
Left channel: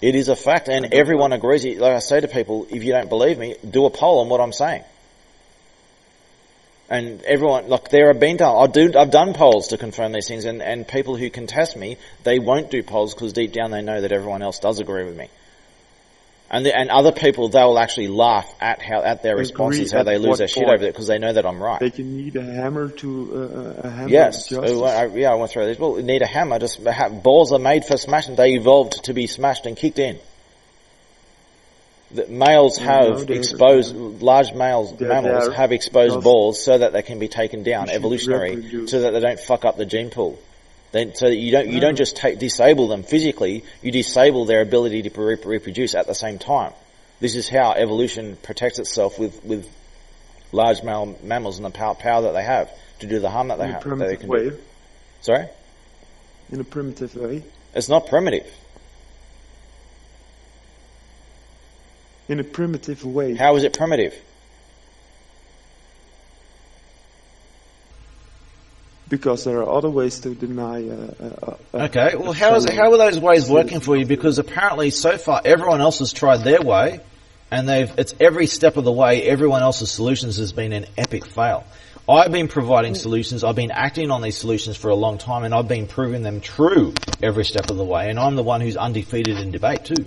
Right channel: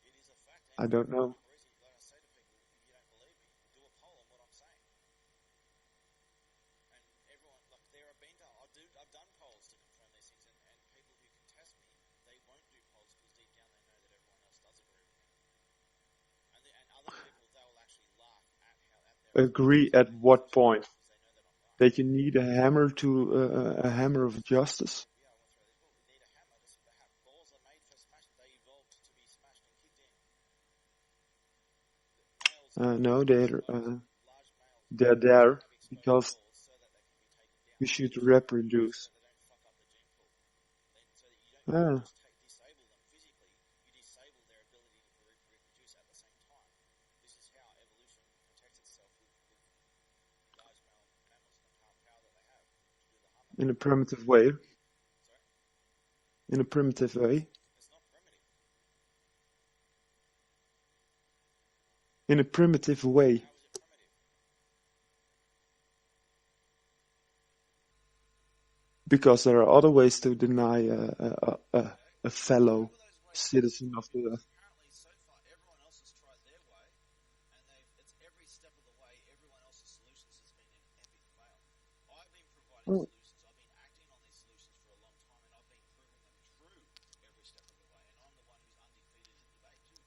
It is a fact, and everyone agrees. Like I say to people, if you don't believe me, do a poll on what I'm saying. And everyone, look, there have been times, I've done polls to confirm these things, and people who contest me, they won't do polls because deep down they know that everyone else does agree with me. And other people, they will actually laugh at their responses, how they lose their shit over it because they know that I'm right. That you need a hammer to yes. of justice. I went through this. Well, you need a hammer. Balls are made for smashing. They evolved to be smashed and kicked in. that males have exposed, large mammals have exposed balls so that they can be taken down, evolutionary, so that they don't fuck up the gene pool. So that you don't just disable them physically, you disable their ability to reproduce at the same time. This is how evolution protects itself with large mammals and the power that they have to do the harm that they have. In a primitive way. Sorry? In a primitive way. It's not primitive. In a primitive way. How is it primitive? Because there are other ways to deny. Okay, well, how are those ways working for you? Because apparently, so far, everyone else has tried their way, and it's every step of the way. Everyone else's solutions has been an epic fail. I've been providing solutions. I've been acting on these solutions for a long time, and I've been proving them true every step of the way. And I'm the one who's undefeated in debate too.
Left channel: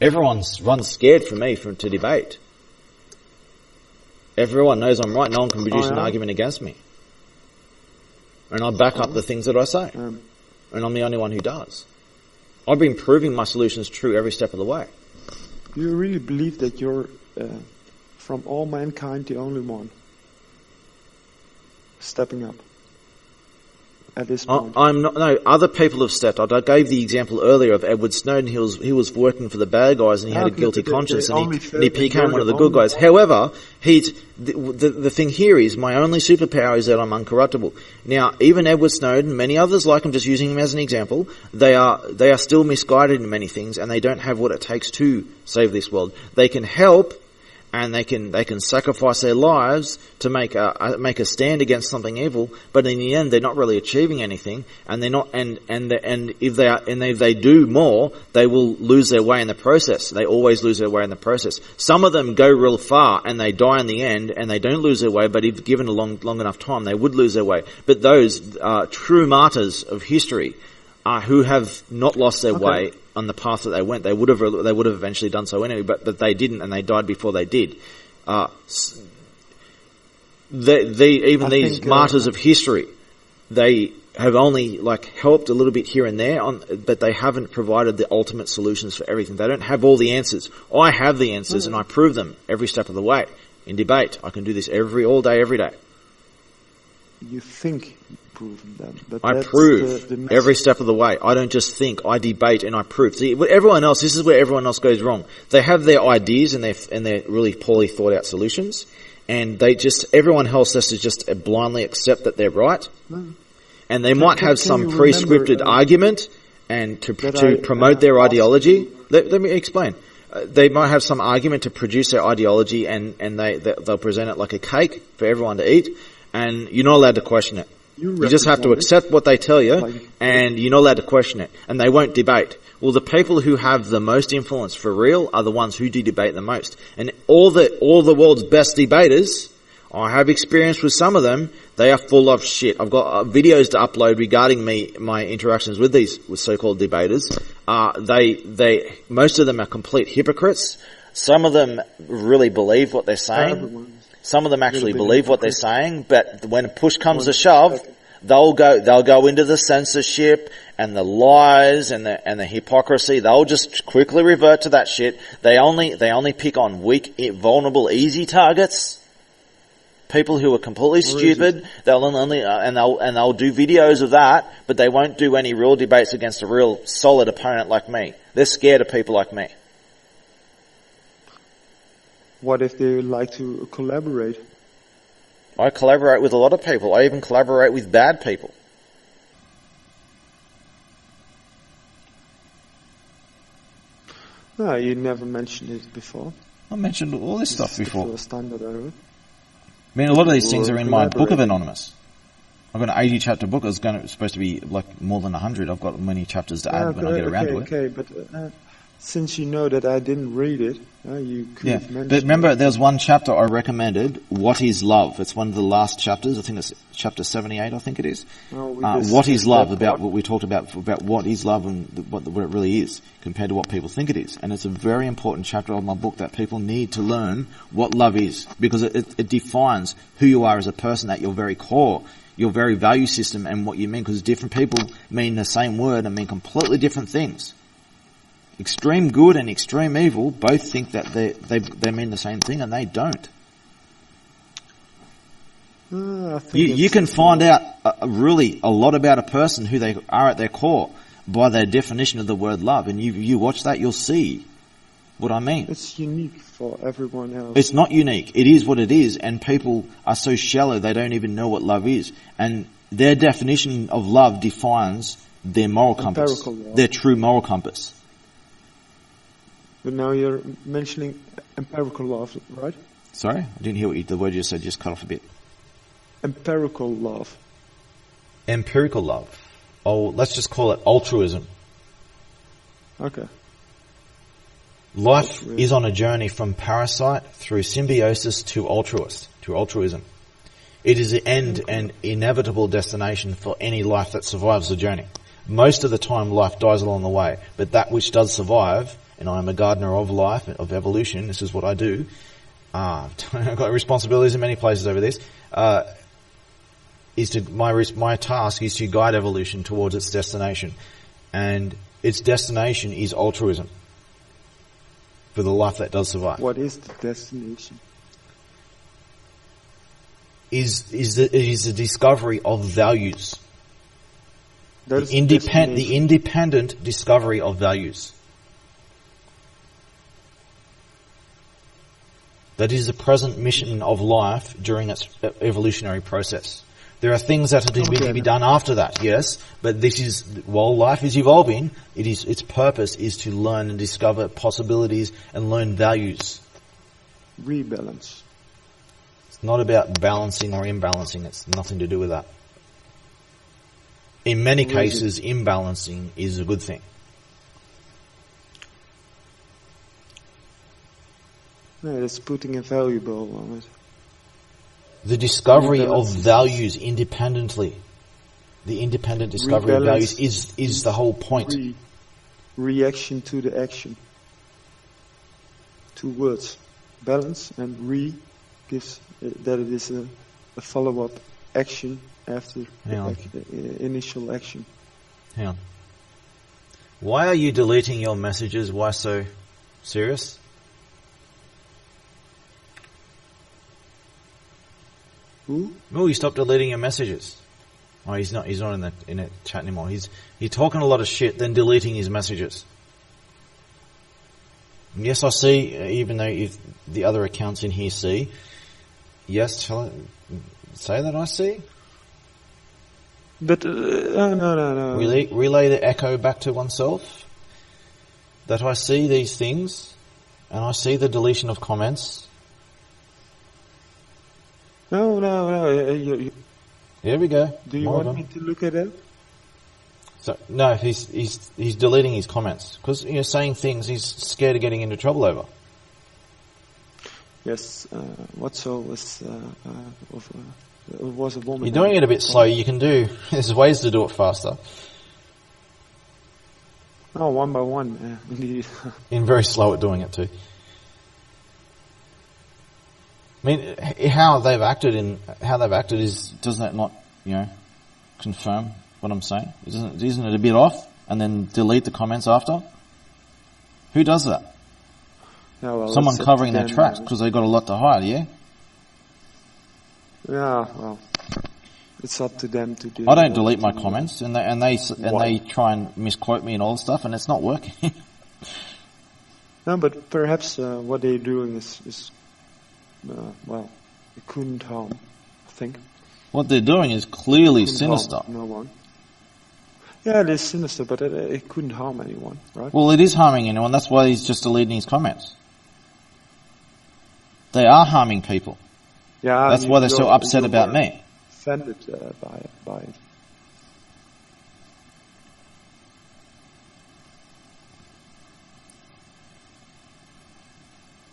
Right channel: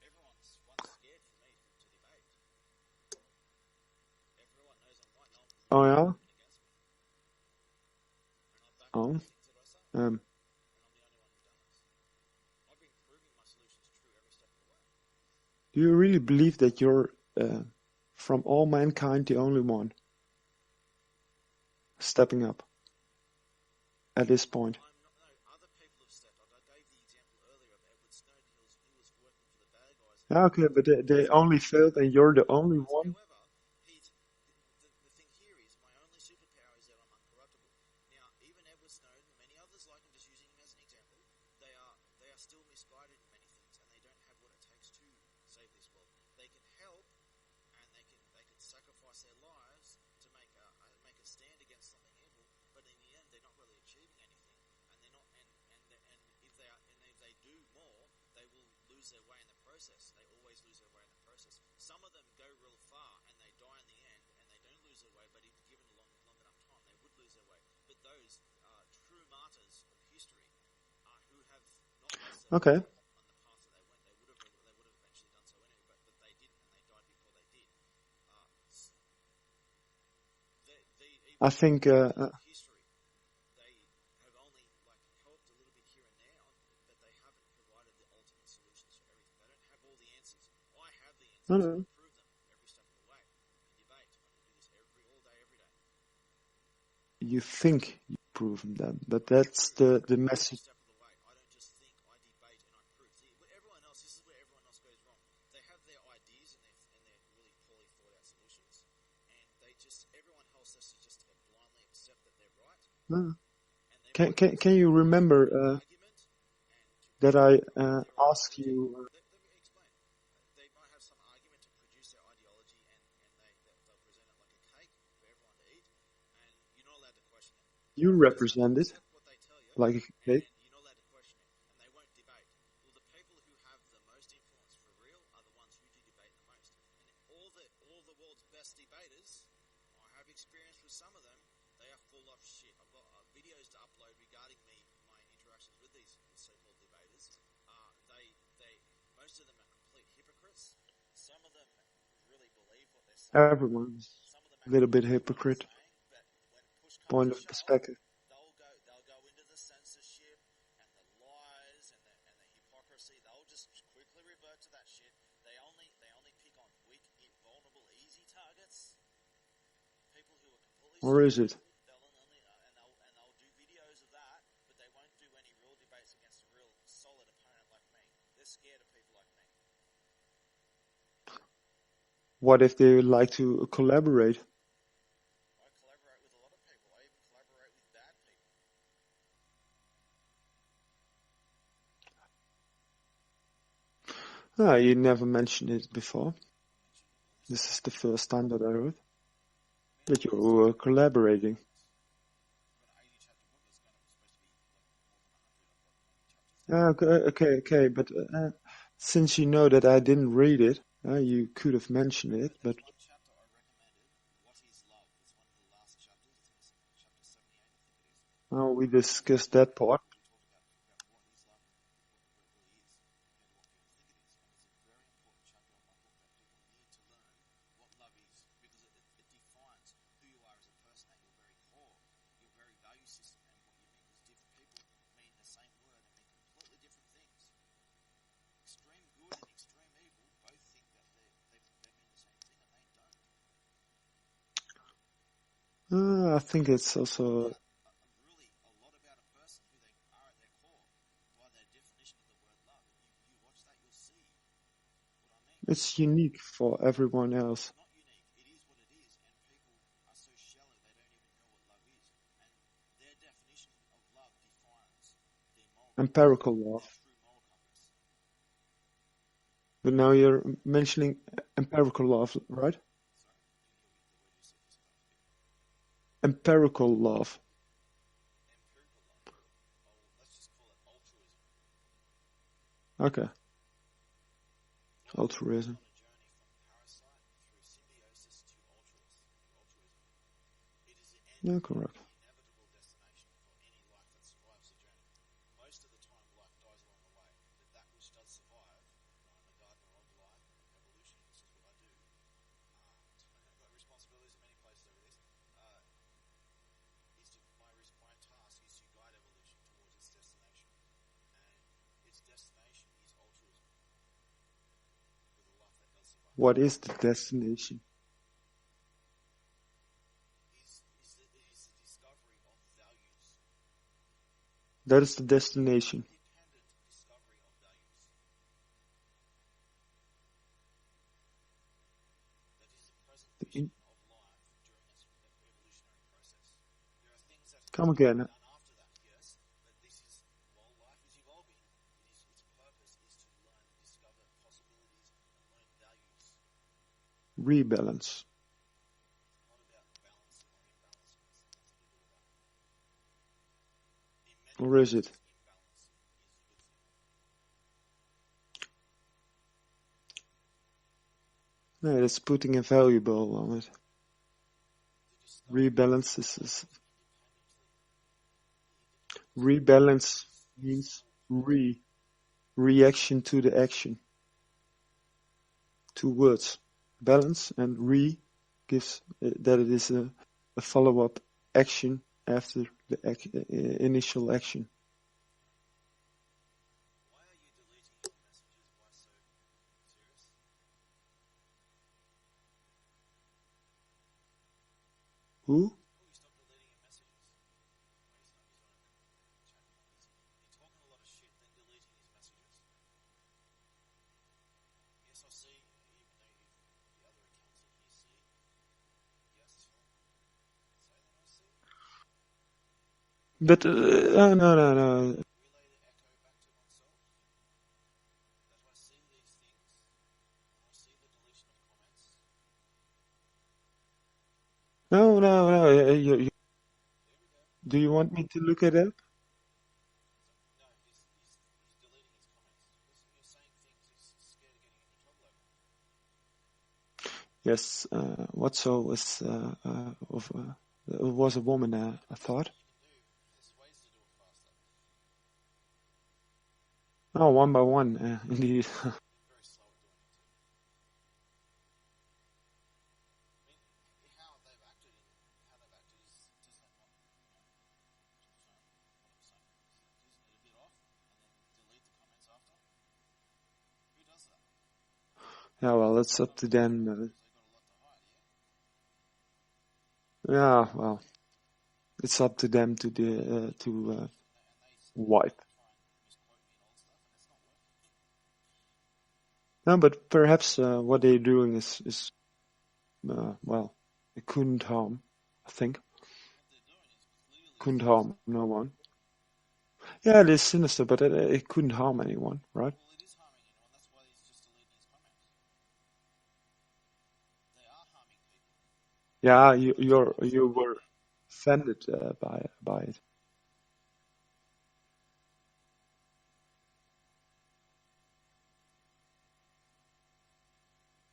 Everyone's scared for me to debate. Everyone knows I'm right. No one can produce an argument against me. And I back up the things that I say. And I'm the only one who does. I've been proving my solutions true every step of the way. Do you really believe that you're, from all mankind, the only one stepping up at this point? I'm not. No, other people have stepped up. I gave the example earlier of Edward Snowden. He was working for the bad guys, and he had a guilty conscience, and he became one of the good guys. However, the thing here is my only superpower is that I'm uncorruptible. Now, even Edward Snowden, many others like him, just using him as an example, they are still misguided in many things, and they don't have what it takes to save this world. They can help, and they can sacrifice their lives to make a stand against something evil, but in the end they're not really achieving anything, and they're not, and if they do more, they will lose their way in the process. They always lose their way in the process. Some of them go real far and they die in the end, and they don't lose their way, but if given a long enough time, they would lose their way. But those true martyrs of history, who have not lost their way on the path that they went, they would have eventually done so anyway, but they didn't, and they died before they did. These martyrs of history, they have only helped a little bit here and there, but they haven't provided the ultimate solutions for everything. They don't have all the answers. I have the answers, and I prove them every step of the way. In debate, I can do this all day, every day. You think you've proven them, but I prove every step of the way. I don't just think, I debate and I prove. See, everyone else, this is where everyone else goes wrong. They have their ideas and their really poorly thought out solutions, and everyone else has to just blindly accept that they're right. And they might have some pre-scripted argument and to promote their ideology. Let me explain. They might have some argument to produce their ideology, and they'll present it like a cake for everyone to eat. And you're not allowed to question it. You just have to accept what they tell you, and you're not allowed to question it. And they won't debate. Well, the people who have the most influence for real are the ones who do debate the most. And all the world's best debaters, I have experience with some of them, they are full of shit. I've got videos to upload regarding my interactions with so-called debaters. Most of them are complete hypocrites. Some of them really believe what they're saying. Some of them actually believe what they're saying, but when push comes to shove, they'll go into the censorship and the lies and the hypocrisy. They'll just quickly revert to that shit. They only pick on weak, vulnerable, easy targets. People who are completely stupid. They'll do videos of that, but they won't do any real debates against a real solid opponent like me. They're scared of people like me. What if they like to collaborate? I collaborate with a lot of people. I even collaborate with bad people. No, you never mentioned it before. I mentioned all this stuff before. The first time that I heard. I mean, a lot of these things are in my book of Anonymous. I've got an 80 chapter book. It's supposed to be more than 100. I've got many chapters to add when I get around to it. Okay, but since you know that I didn't read it, you could have mentioned it. Remember, there's one chapter I recommended, What is Love? It's one of the last chapters. I think it's chapter 78, I think it is. What is love? About what we talked about what is love and what it really is compared to what people think it is. And it's a very important chapter of my book that people need to learn what love is, because it defines who you are as a person at your very core, your very value system and what you mean, because different people mean the same word and mean completely different things. extreme good and extreme evil both think that they mean the same thing, and they don't. I think You can find out really a lot about a person, who they are at their core, by their definition of the word love. And you watch that, you'll see what I mean. It's unique for everyone else. It's not unique. It is what it is, and people are so shallow they don't even know what love is. And their definition of love defines their moral compass, Empirical love. their true moral compass. But now you're mentioning empirical love, right? Sorry? I didn't hear the word you said, just cut off a bit. Empirical love. Empirical love. Oh, let's just call it altruism. Okay. Life Altruism. is on a journey from parasite through symbiosis to altruism. It is the end and inevitable destination for any life that survives the journey. Most of the time life dies along the way, but that which does survive, and I am a gardener of life, of evolution, this is what I do. I've got responsibilities in many places over this. My task is to guide evolution towards its destination, and its destination is altruism for the life that does survive. What is the destination? Is the discovery of values. That is The independent discovery of values. That is the present mission of life during its evolutionary process. There are things that are to be done after that, yes, but this is, while life is evolving, its purpose is to learn and discover possibilities and learn values. Rebalance. It's not about balancing or imbalancing. It's nothing to do with that. In many cases, imbalancing is a good thing. No, it's putting a valuable on it. The discovery of Rebalance values independently. The independent discovery of values is the whole point. Reaction to the action. 2 words. Balance and gives that it is a follow-up action after the initial action. Hang on. Why are you deleting your messages? Why so serious? Who? Oh, you stopped deleting your messages. Oh, he's not in the chat anymore. He's talking a lot of shit, then deleting his messages. Yes, I see, even though if the other accounts in here see. Yes, say that I see? But, no. Relay the echo back to oneself. That I see these things, and I see the deletion of comments. No. Here we go. Do you want me to look at it? So no, he's deleting his comments because saying things he's scared of getting into trouble over. Yes. Whatso was a woman. You're doing it a bit slow. You can do. There's ways to do it faster. Oh, one by one, indeed. You're very slow at doing it too. I mean, how they've acted is, doesn't that not, confirm what I'm saying? Isn't it a bit off? And then delete the comments after? Who does that? Yeah, well, someone covering their tracks because they've got a lot to hide, yeah? Yeah, well, it's up to them to do. I don't delete my comments, and they try and misquote me and all this stuff, and it's not working. No, but perhaps what they're doing is it couldn't harm, I think. What they're doing is clearly sinister. No one. Yeah, it is sinister, but it couldn't harm anyone, right? Well, it is harming anyone. That's why he's just deleting his comments. They are harming people. Yeah, that's why they're so upset about me. Offended by it.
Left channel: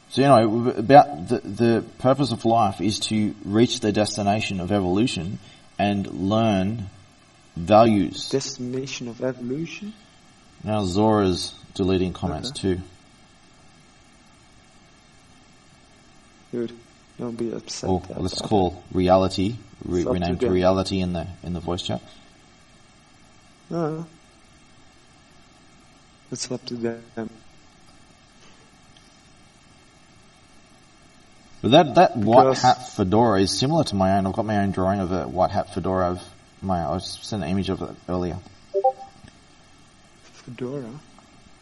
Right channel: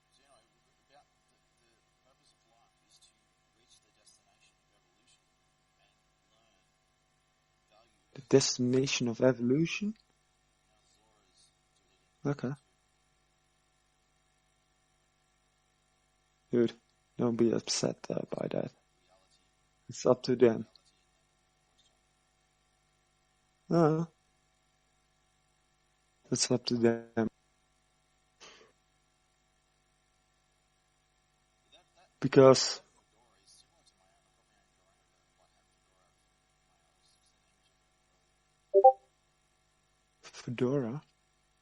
So, about the purpose of life is to reach the destination of evolution and learn values. Destination of evolution? Now Zora's deleting comments too. Good. Don't be upset. Let's call reality. Rename to reality in the voice chat. But It's up to them. But that white Because- hat fedora is similar to my own. I've got my own drawing of a white hat fedora of my. I sent an image of it earlier. Fedora.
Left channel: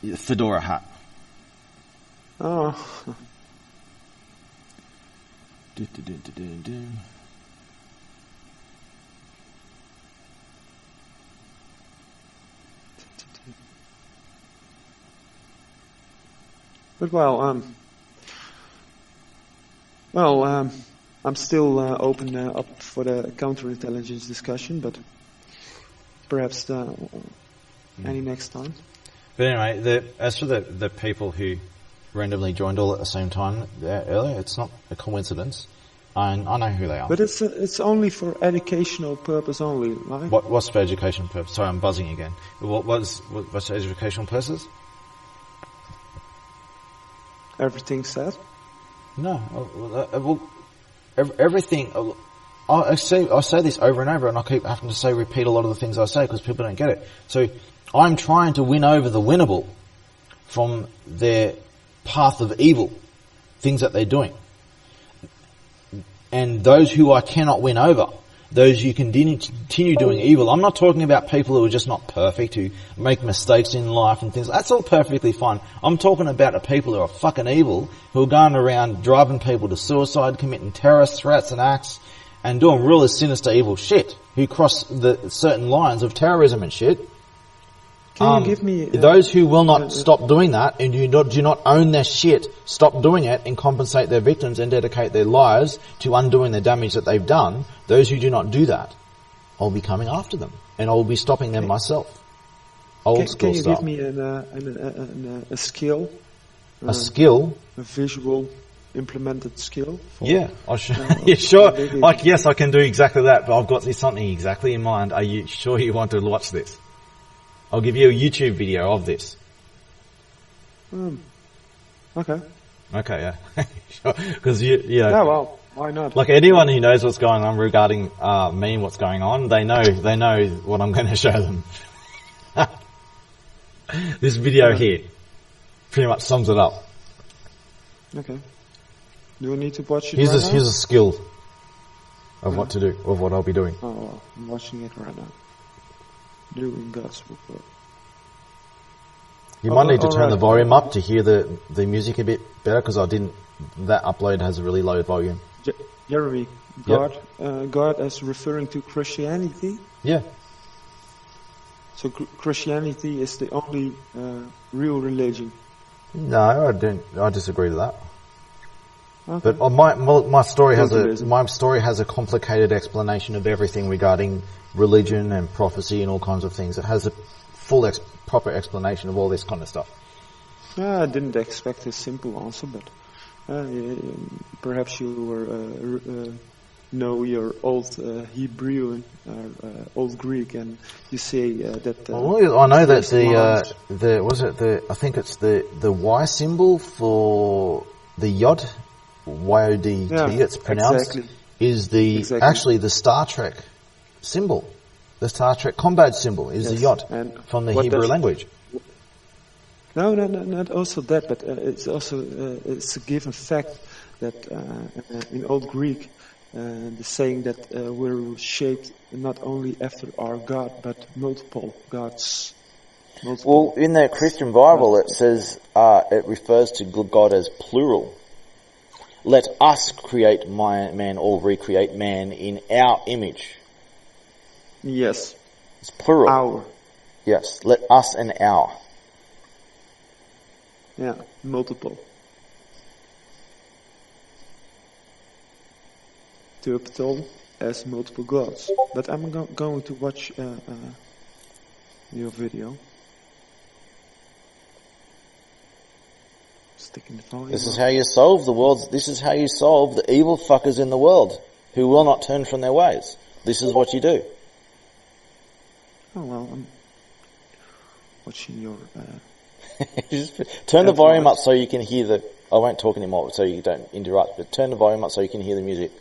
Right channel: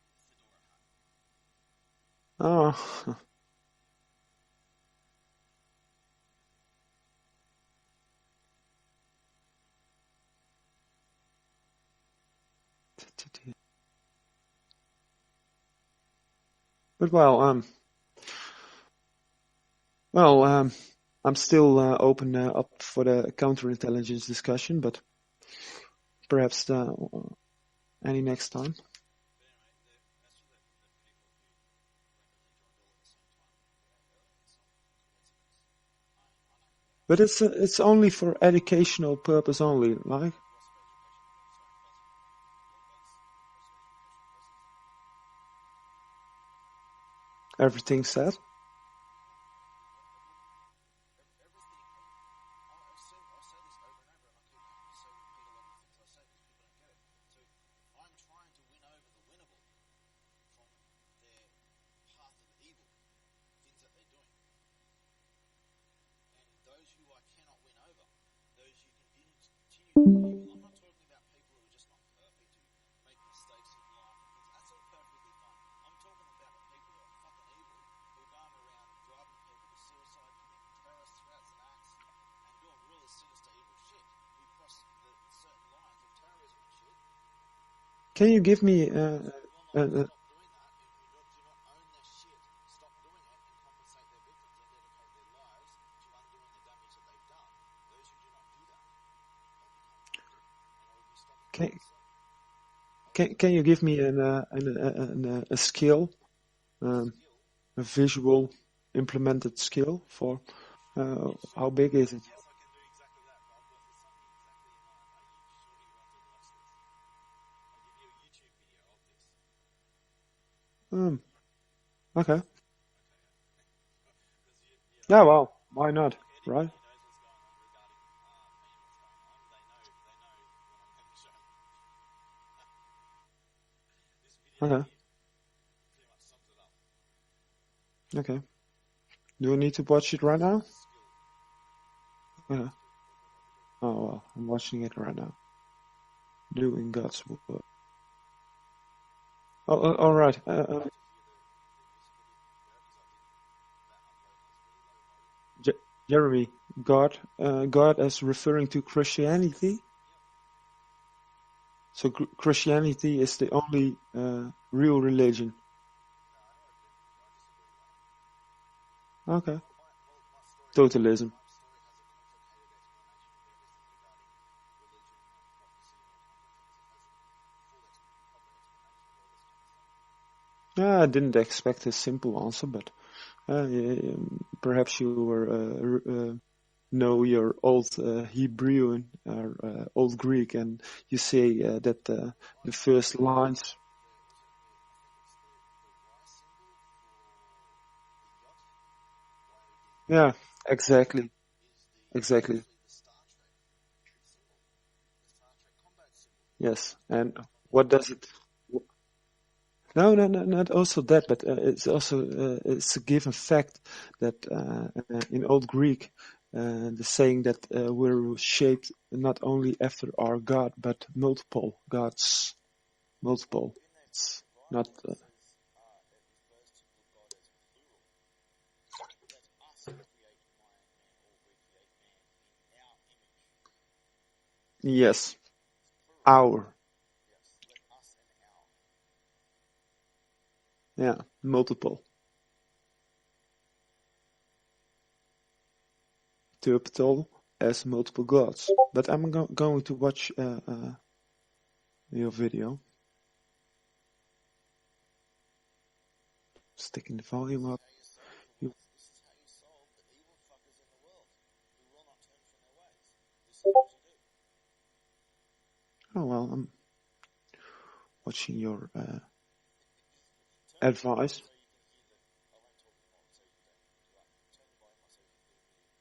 Yeah, fedora hat. Oh, but I'm still open up for the counterintelligence discussion, but perhaps any next time. But anyway, as for the people who randomly joined all at the same time earlier, it's not a coincidence. I know who they are. But it's only for educational purpose only, right? What's for educational purpose? Sorry, I'm buzzing again. What's for educational purposes? Everything said. No. Everything. I say this over and over, and I keep having to repeat a lot of the things I say because people don't get it. So I'm trying to win over the winnable from their path of evil, things that they're doing. And those who I cannot win over, those who continue doing evil. I'm not talking about people who are just not perfect, who make mistakes in life and things. That's all perfectly fine. I'm talking about the people who are fucking evil, who are going around driving people to suicide, committing terrorist threats and acts, and doing really sinister evil shit, who cross the certain lines of terrorism and shit. Can you give me... those who will not stop doing that and do not own their shit, stop doing it and compensate their victims and dedicate their lives to undoing the damage that they've done, those who do not do that, I'll be coming after them and I'll be stopping them myself. Can you give me a skill? A skill? A visual implemented skill? For, yeah, yeah, sure. Like, yes, I can do exactly that, but I've got something exactly in mind. Are you sure you want to watch this? I'll give you a YouTube video of this. Okay. Okay, yeah. Because you know. Yeah, well, why not? Like anyone who knows what's going on regarding me and what's going on, they know what I'm going to show them. This video here pretty much sums it up. Okay. Do I need to watch it Here's right now? Here's a skill of what to do, of what I'll be doing. Oh, well, I'm watching it right now. Doing God's work. You might need to turn the volume up to hear the music a bit better, because that upload has a really low volume. Jeremy, God is referring to Christianity? Yeah. So Christianity is the only real religion? No, I disagree with that. Okay. But my story has a complicated explanation of everything regarding religion and prophecy and all kinds of things. It has a full proper explanation of all this kind of stuff. I didn't expect a simple answer, but perhaps you know your old Hebrew or old Greek, and you say that. I know that I think it's the Y symbol for the Yod, Y-O-D-T. Yeah, it's pronounced. exactly. Is actually the Star Trek symbol. The Star Trek combat symbol is the Yod from the Hebrew language. No, not also that, but it's also it's a given fact that in Old Greek, the saying that we're shaped not only after our God, but multiple gods. Well, in the Christian Bible, it says it refers to God as plural. Let us create man or recreate man in our image. Yes. It's plural. Our. Yes. Let us and our. Yeah, multiple. Turtle as multiple gods. But I'm going to watch your video. Sticking the volume This is up. how you solve this is how you solve the evil fuckers in the world who will not turn from their ways. This is what you do. Oh, well, I'm watching your... Turn the volume up so you can hear I won't talk anymore so you don't interrupt, but turn the volume up so you can hear the music.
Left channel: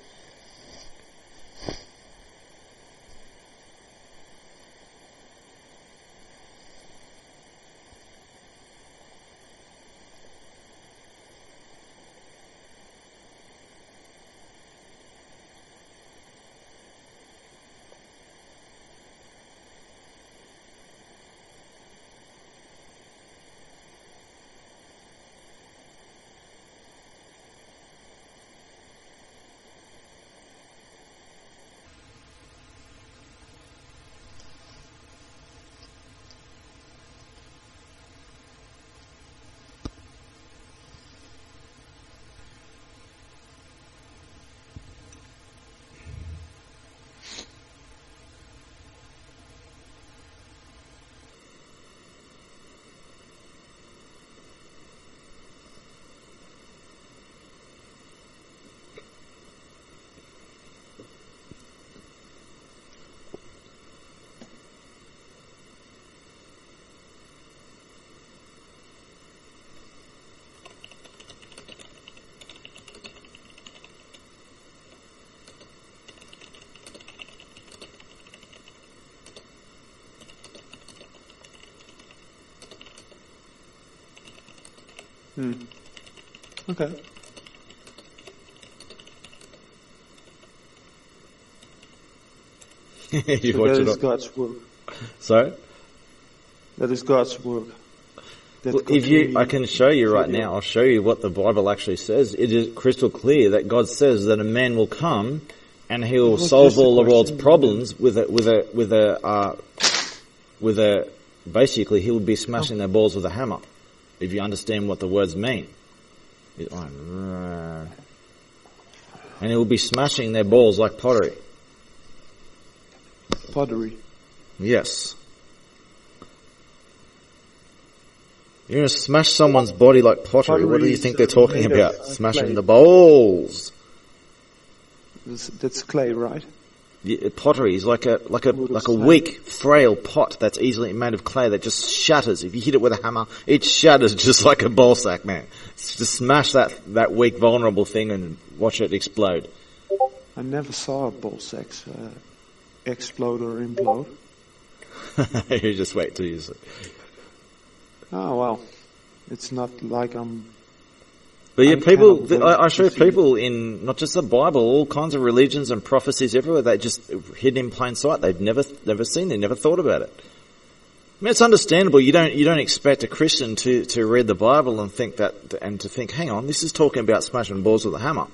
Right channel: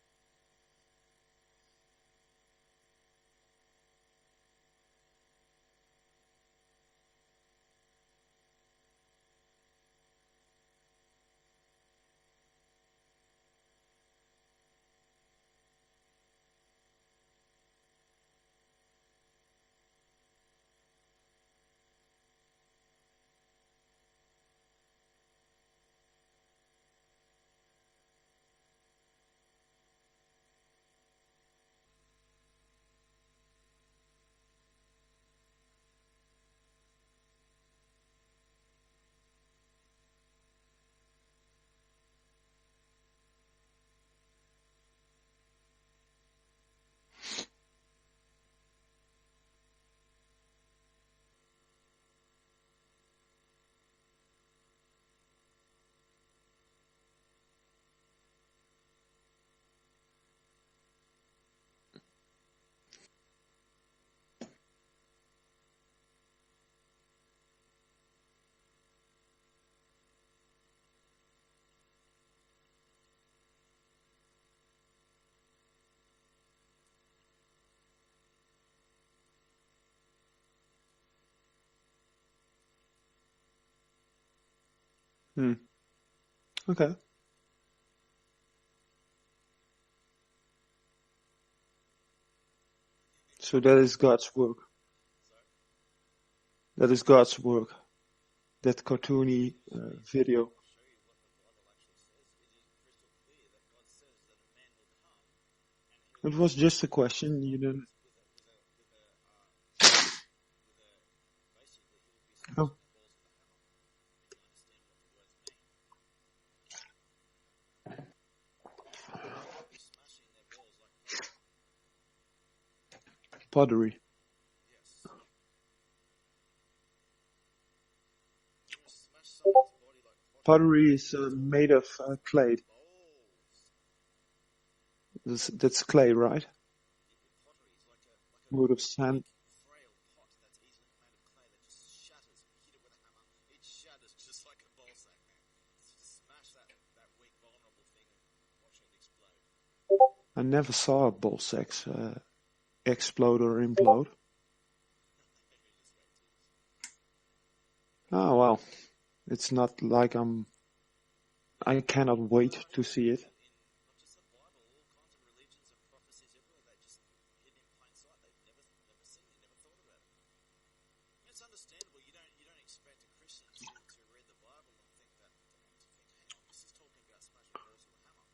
Okay. So that is God's work. So, That is God's work. That if you, I Kotuni can show you right video. now. I'll show you what the Bible actually says. It is crystal clear that God says that a man will come and he will It was solve just a all the world's question. problems with a. Basically, he will be smashing their balls with a hammer. If you understand what the words mean, and he will be smashing their balls like pottery. Pottery. Yes. You're going to smash someone's body like pottery. What do you Pottery think is, they're talking made of, about? Smashing clay. the bowls. That's clay, right? Yeah, pottery is like a Wood of sand. weak, frail pot that's easily made of clay that just shatters. If you hit it with a hammer, it shatters just like a ball sack, man. Just smash that weak, vulnerable thing and watch it explode. I never saw a ball sack explode or implode. You just wait till you see. Oh, well. It's not like I'm... But yeah, I people, cannot wait I to show see people in not just the Bible, all kinds of religions and prophecies everywhere. They just hidden in plain sight. They've never seen. They never thought about it. I mean, it's understandable. You don't expect a Christian to read the Bible and think that, and to think, hang on, this is talking about smashing balls with a hammer.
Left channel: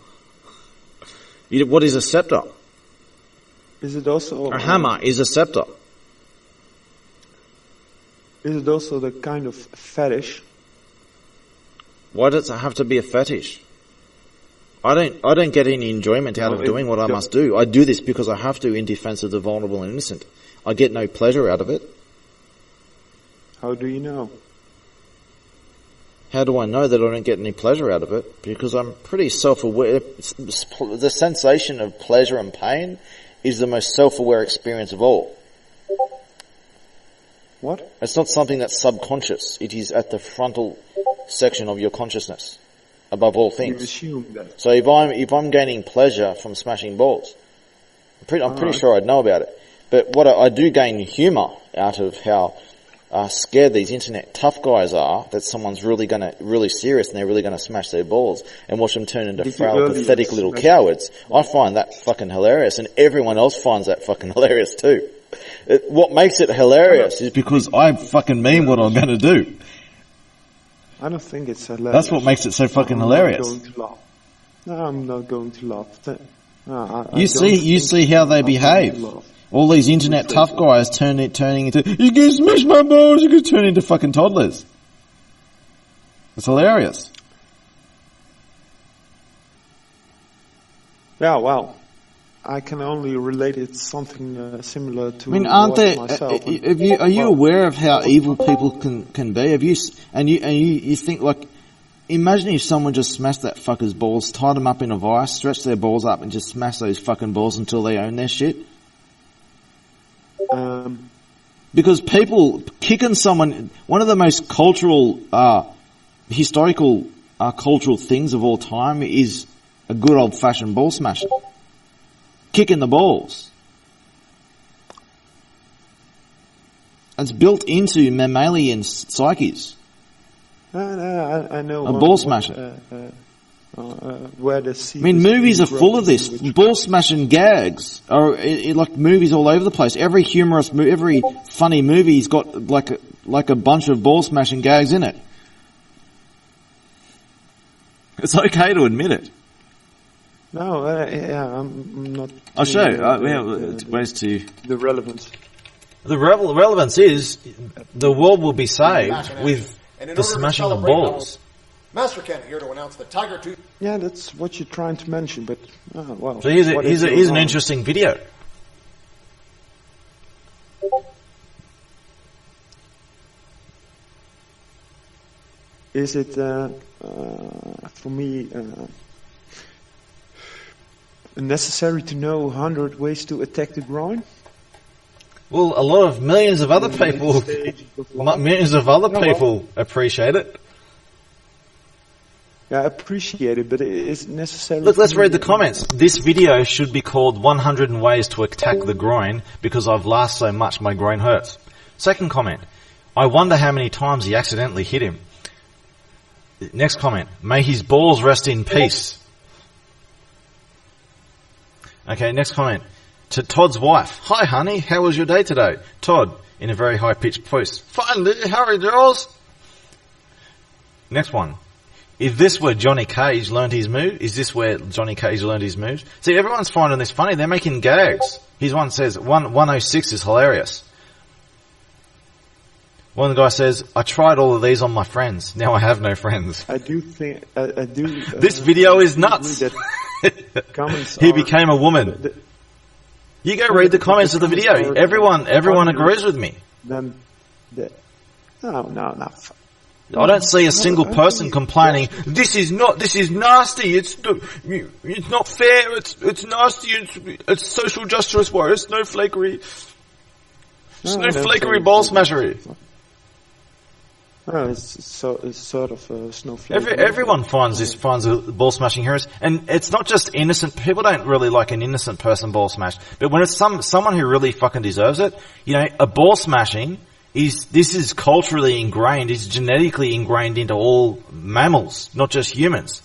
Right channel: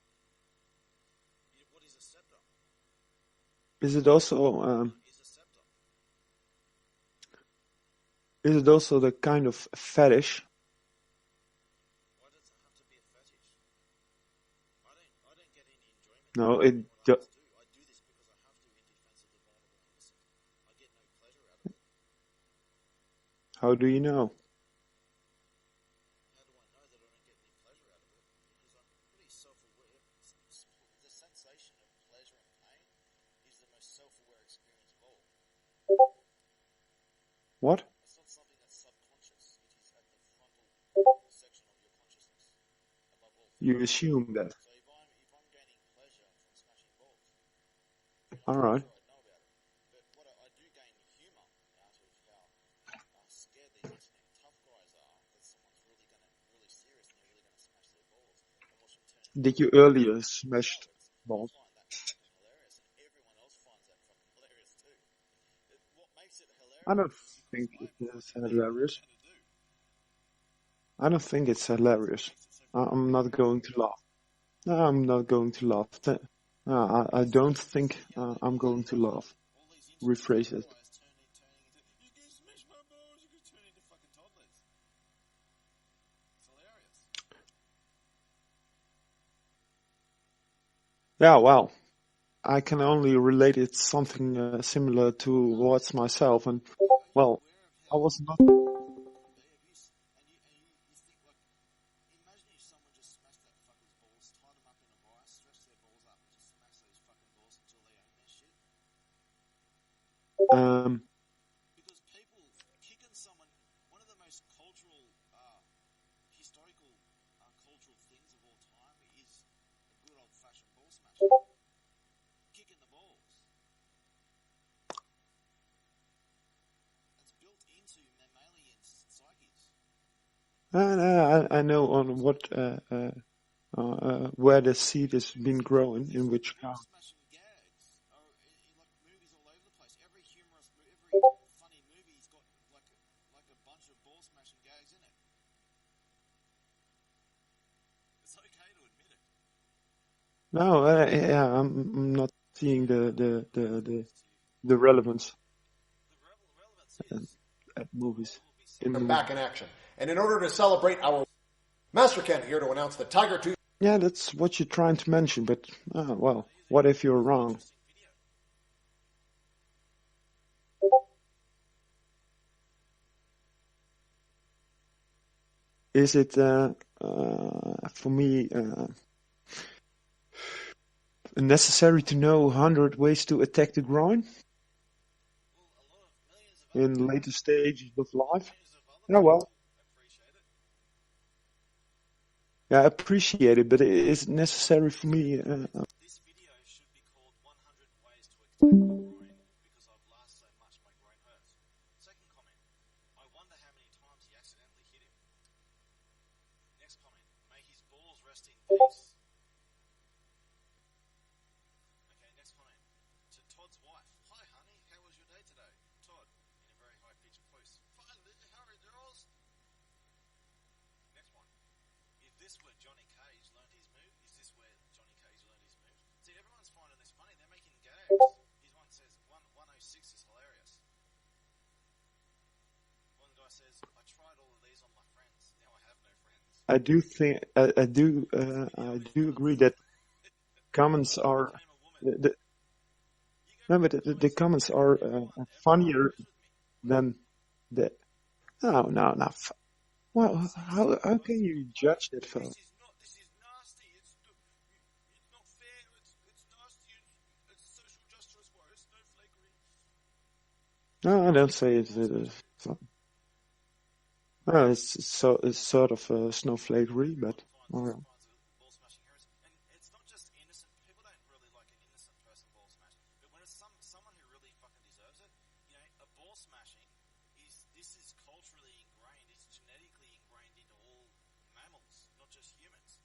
What is a scepter? Is it also... A hammer is a scepter. Is it also the kind of fetish? Why does it have to be a fetish? I don't get any enjoyment out No, of doing what I don't. must do. I do this because I have to in defense of the vulnerable and innocent. I get no pleasure out of it. How do you know? How do I know that I don't get any pleasure out of it? Because I'm pretty self-aware. The sensation of pleasure and pain is the most self-aware experience of all. What? It's not something that's subconscious. It is at the frontal section of your consciousness, above all You things. assume that. So if I'm gaining pleasure from smashing balls, I'm pretty Alright. sure I'd know about it. But what I do gain humour out of how scared these internet tough guys are that someone's really serious and they're really gonna smash their balls and watch them turn into Did you frail, earlier pathetic little smash- cowards. I find that fucking hilarious, and everyone else finds that fucking hilarious too. What makes it hilarious is Because I fucking mean what I'm going to do. I don't think it's hilarious. That's what makes it so fucking I'm hilarious. not going to laugh. No, I'm not going to laugh. You see how they behave. All these internet Rephrase tough it. guys turning into, you can smash my balls, you can turn into fucking toddlers. It's hilarious. Yeah, well, I can only relate it something similar to I mean, aren't what there? myself. Are you well, aware of how was- evil people can be? Have you? And you think like, imagine if someone just smashed that fucker's balls, tied them up in a vice, stretched their balls up, and just smashed those fucking balls until they own their shit. Because people kicking someone, one of the most cultural, historical, cultural things of all time is a good old-fashioned ball smashing. Kicking the balls. It's built into mammalian psyches. I know. A on ball what, smasher. Where the seed I mean, is movies being are full grown, of this. in which Ball smashing gags are like movies all over the place. Every humorous, every funny movie's got like a bunch of ball smashing gags in it. It's okay to admit it. No, I'm not. I'll show you. The relevance. The relevance is the world will be saved Back in action. with And in the order to smashing of celebrate, balls. Master Ken here to announce the Tiger Tooth. Yeah, that's what you're trying to mention, but well. So here's what if you're an wrong? interesting video. Is it for me necessary to know 100 ways to attack the groin? Well, a lot of millions of other In later people, stages of life? millions of other Oh, well. people appreciate it. Yeah, I appreciate it, but is it necessary? Look, for let's me, read the comments. This video should be called 100 Ways to Attack the Groin because I've laughed so much my groin hurts. Second comment. I wonder how many times he accidentally hit him. Next comment. May his balls rest in peace. Okay, next comment. To Todd's wife. Hi, honey. How was your day today? Todd, in a very high-pitched voice. Finally, Harry girls. Next one. If this were Johnny Cage learned his move, is this where Johnny Cage learned his moves? See, everyone's finding this funny. They're making gags. His one says, 106 is hilarious. One of the guys says, I tried all of these on my friends. Now I have no friends. I do think, I do... This video is nuts. That comments he became a woman. You go read the comments of the video. Everyone agrees with me. No. I don't see a single person complaining. This is nasty. It's not fair. It's nasty. It's social justice warrior. Snowflakery. Snowflakery ball smashery. It's sort of a snowflake. Everyone finds a ball smashing heroes, and it's not just innocent. People don't really like an innocent person ball smashed, but when it's someone who really fucking deserves it, a ball smashing. This is culturally ingrained, is genetically ingrained into all mammals, not just humans.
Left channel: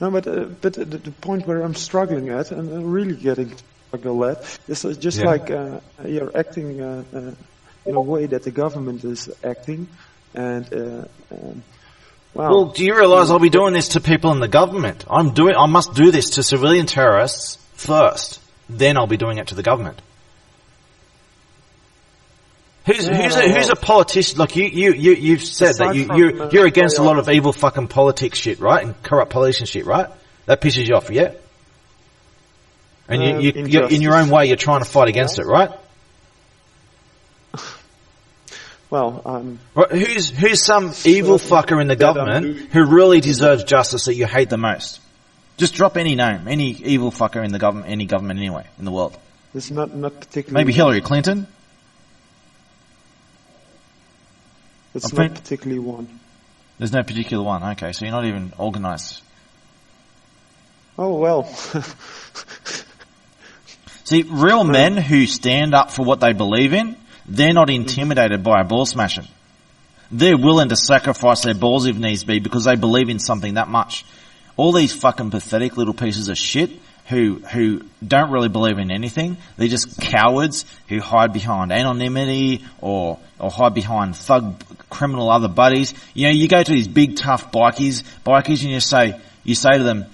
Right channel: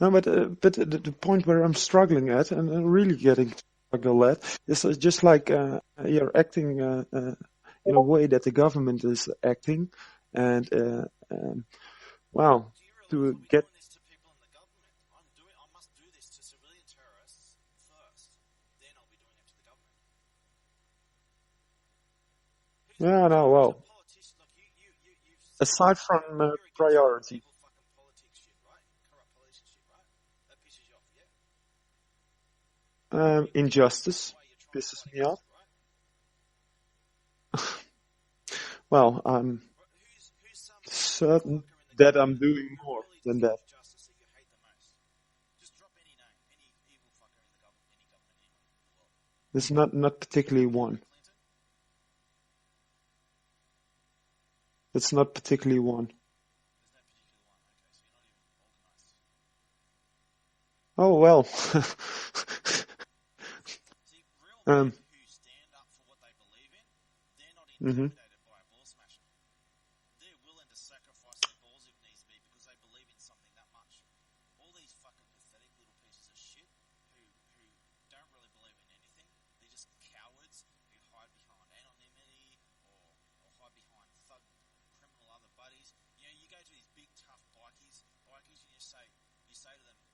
No, but the point where I'm struggling at, and I'm really getting struggle at, is just like you're acting in a way that the government is acting, and well, do you realise I'll be doing this to people in the government? I must do this to civilian terrorists first, then I'll be doing it to the government. Who's a politician? Look, you've said that you're against a lot of evil fucking politics shit, right? And corrupt politician shit, right? That pisses you off, yeah? And you're in your own way, you're trying to fight against it, right? Well, who's some evil fucker in the government who really deserves justice that you hate the most? Just drop any name, any evil fucker in the government, any government anyway in the world. It's not particularly. Maybe Hillary Clinton. It's not particularly one. There's no particular one. Okay, so you're not even organised. Oh, well. See, real men who stand up for what they believe in, they're not intimidated by a ball smashing. They're willing to sacrifice their balls if needs be because they believe in something that much. All these fucking pathetic little pieces of shit who don't really believe in anything, they're just cowards who hide behind anonymity or hide behind thug criminal other buddies. You go to these big tough bikies and you say to them,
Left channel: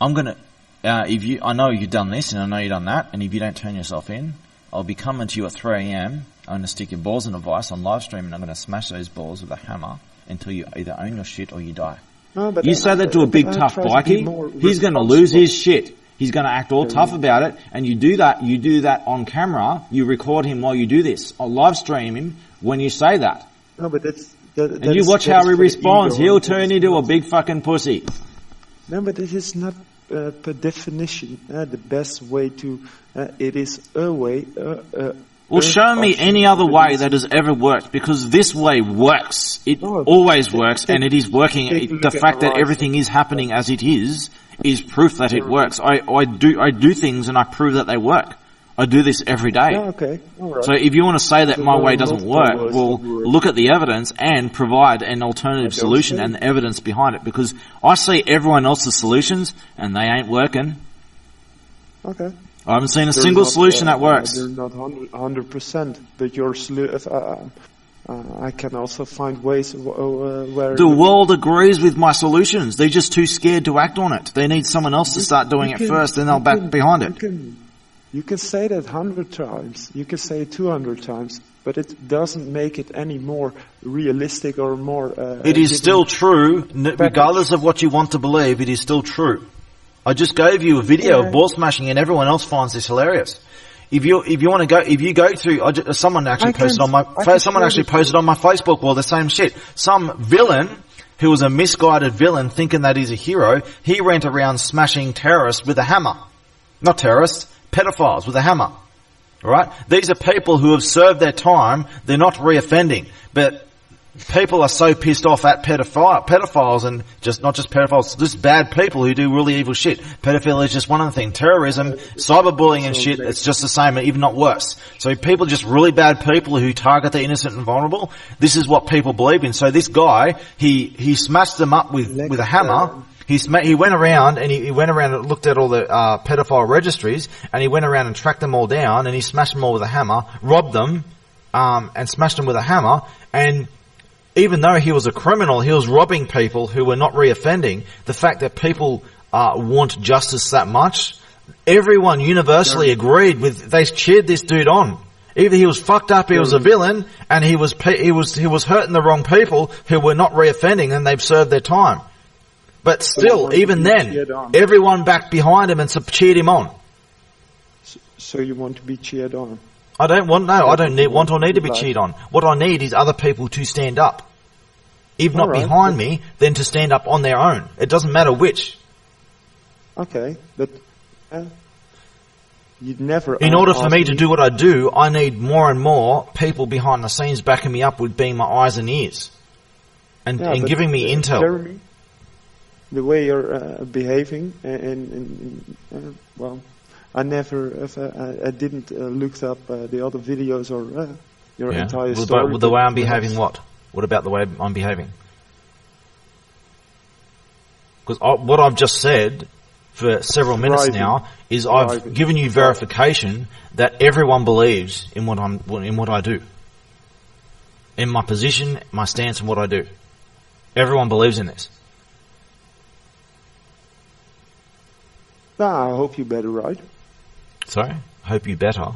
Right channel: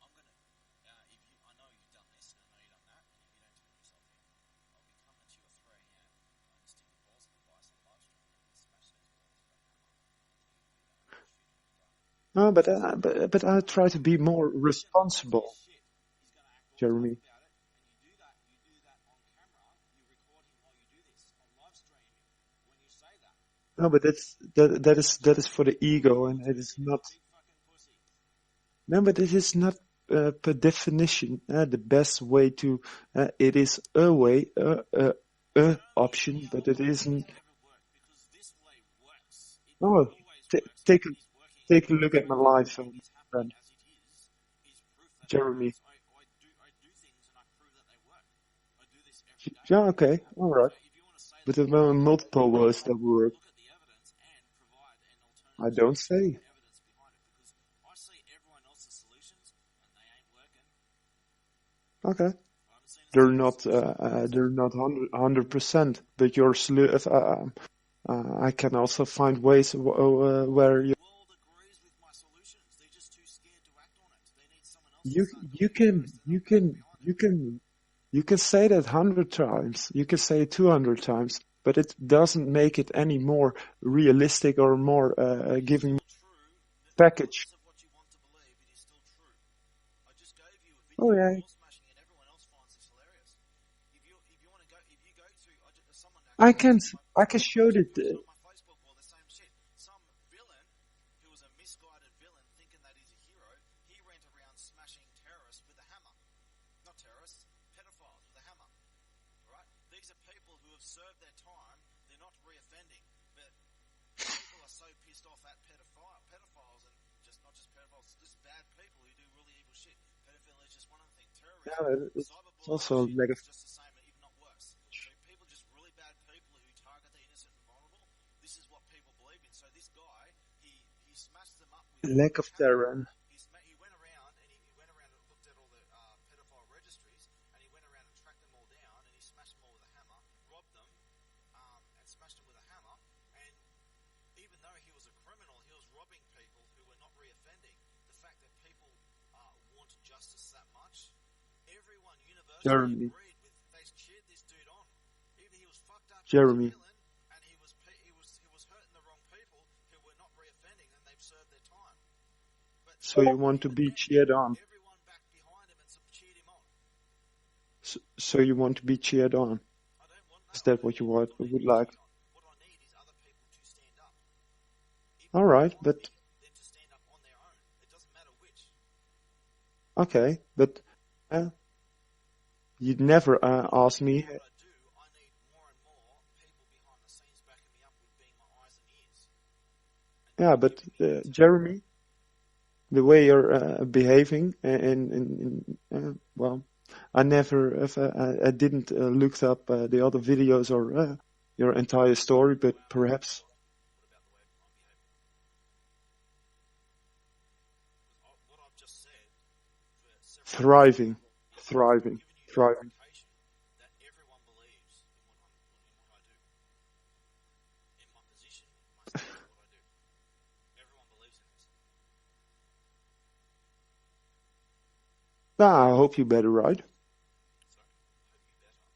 I'm gonna I know you've done this and I know you've done that, and if you don't turn yourself in, I'll be coming to you at 3 a.m. I'm going to stick your balls in a vice on live stream and I'm going to smash those balls with a hammer until you either own your shit or you die. No, but you say that to a big tough bikie, he's going to lose his shit. He's going to act all tough about it, and you do that on camera, you record him while you do this. I'll live stream him when you say that. No, but and you watch how he responds. He'll turn into a big fucking pussy. No, but it is not per definition the best way to... it is a way... Well, show me any other way that has ever worked, because this way works. It always works, and it is working. The fact that everything is happening as it is proof that it works. I do things and I prove that they work. I do this every day. Yeah, okay. All right. So if you want to say that my way doesn't work, well, look at the evidence and provide an alternative solution and the evidence behind it, because I see everyone else's solutions and they ain't working. Okay. I haven't seen a single solution that works. They're not 100%, but your I can also find ways where... The world agrees with my solutions. They're just too scared to act on it. They need someone else to start doing it first, and they'll back behind it. You can say that 100 times. You can say it 200 times. But it doesn't make it any more realistic or more... it is still true. Regardless of what you want to believe, it is still true. I just gave you a video of ball smashing, and everyone else finds this hilarious. If you go through, someone actually posted on my Facebook wall the same shit. Some villain who was a misguided villain, thinking that he's a hero, he went around smashing terrorists with a hammer. Not terrorists, pedophiles with a hammer. All right? These are people who have served their time. They're not reoffending, but people are so pissed off at pedophiles and just not just pedophiles, just bad people who do really evil shit. Pedophilia is just one of the things. Terrorism, cyberbullying and shit, it's just the same, even not worse. So people are just really bad people who target the innocent and vulnerable. This is what people believe in. So this guy, he smashed them up with a hammer. He went around and looked at all the pedophile registries, and he went around and tracked them all down, and he smashed them all with a hammer, robbed them, and smashed them with a hammer. And even though he was a criminal, he was robbing people who were not reoffending. The fact that people want justice that much, everyone universally agreed with. They cheered this dude on. Either he was fucked up, he was a villain, and he was hurting the wrong people who were not reoffending, and they've served their time. But still, even then, everyone backed behind him and cheered him on. So you want to be cheered on? I don't want to be cheered on. What I need is other people to stand up. If not behind me, then to stand up on their own. It doesn't matter which. Okay, but you'd never. In order for me to do what I do, I need more and more people behind the scenes backing me up with being my eyes and ears, and giving me intel. Jeremy, the way you're behaving, well, I didn't look up the other videos or your entire story. The way I'm behaving, what? What about the way I'm behaving? Because what I've just said for several minutes now is I've given you verification that everyone believes in what I do, in my position, my stance, and what I do. Everyone believes in this. I hope you better, right? Sorry? Hope you better.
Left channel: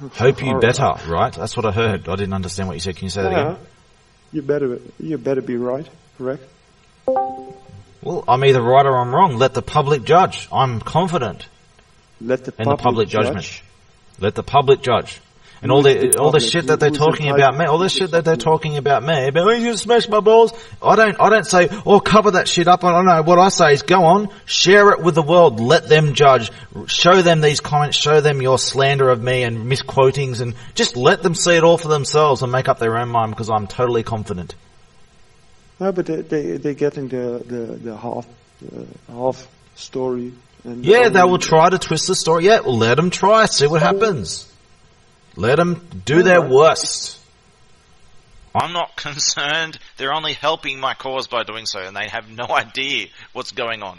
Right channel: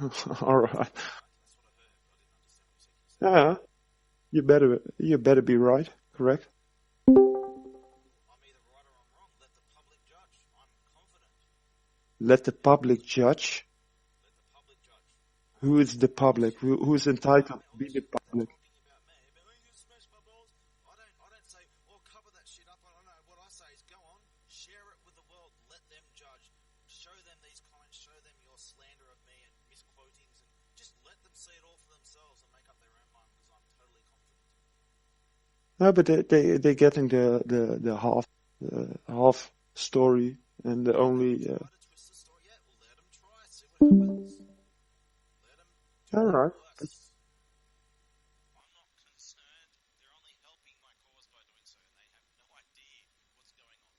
Hope you better, right? That's what I heard. I didn't understand what you said. Can you say that again? You better be right, correct? Well, I'm either right or I'm wrong. Let the public judge. I'm confident. Let the public judge. Let the public judge. And all the shit that they're talking about me, all the shit that they're talking about me, about you smash my balls. I don't say, cover that shit up. I don't know. What I say is go on, share it with the world, let them judge, show them these comments, show them your slander of me and misquotings, and just let them see it all for themselves and make up their own mind, because I'm totally confident. No, but they're getting the half story. And they will try to twist the story. Yeah, well, let them try, see what happens. Let them do their worst. I'm not concerned. They're only helping my cause by doing so, and they have no idea what's going on.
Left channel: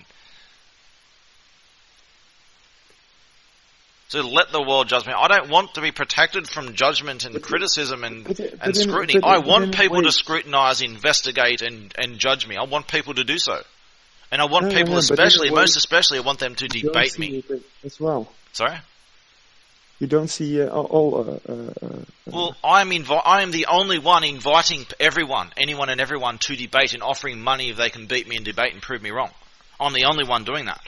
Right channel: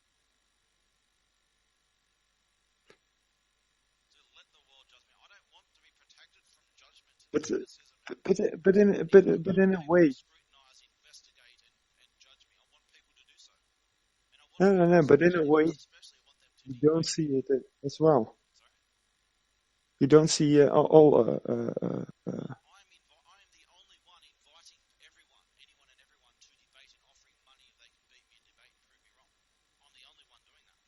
So let the world judge me. I don't want to be protected from judgment and criticism and scrutiny. I want people to scrutinize, investigate, and judge me. I want people to do so. And I want people most especially, I want them to debate me. As well. Sorry? You don't see Well, I am the only one inviting anyone and everyone to debate and offering money if they can beat me in debate and prove me wrong. I'm the only one doing that.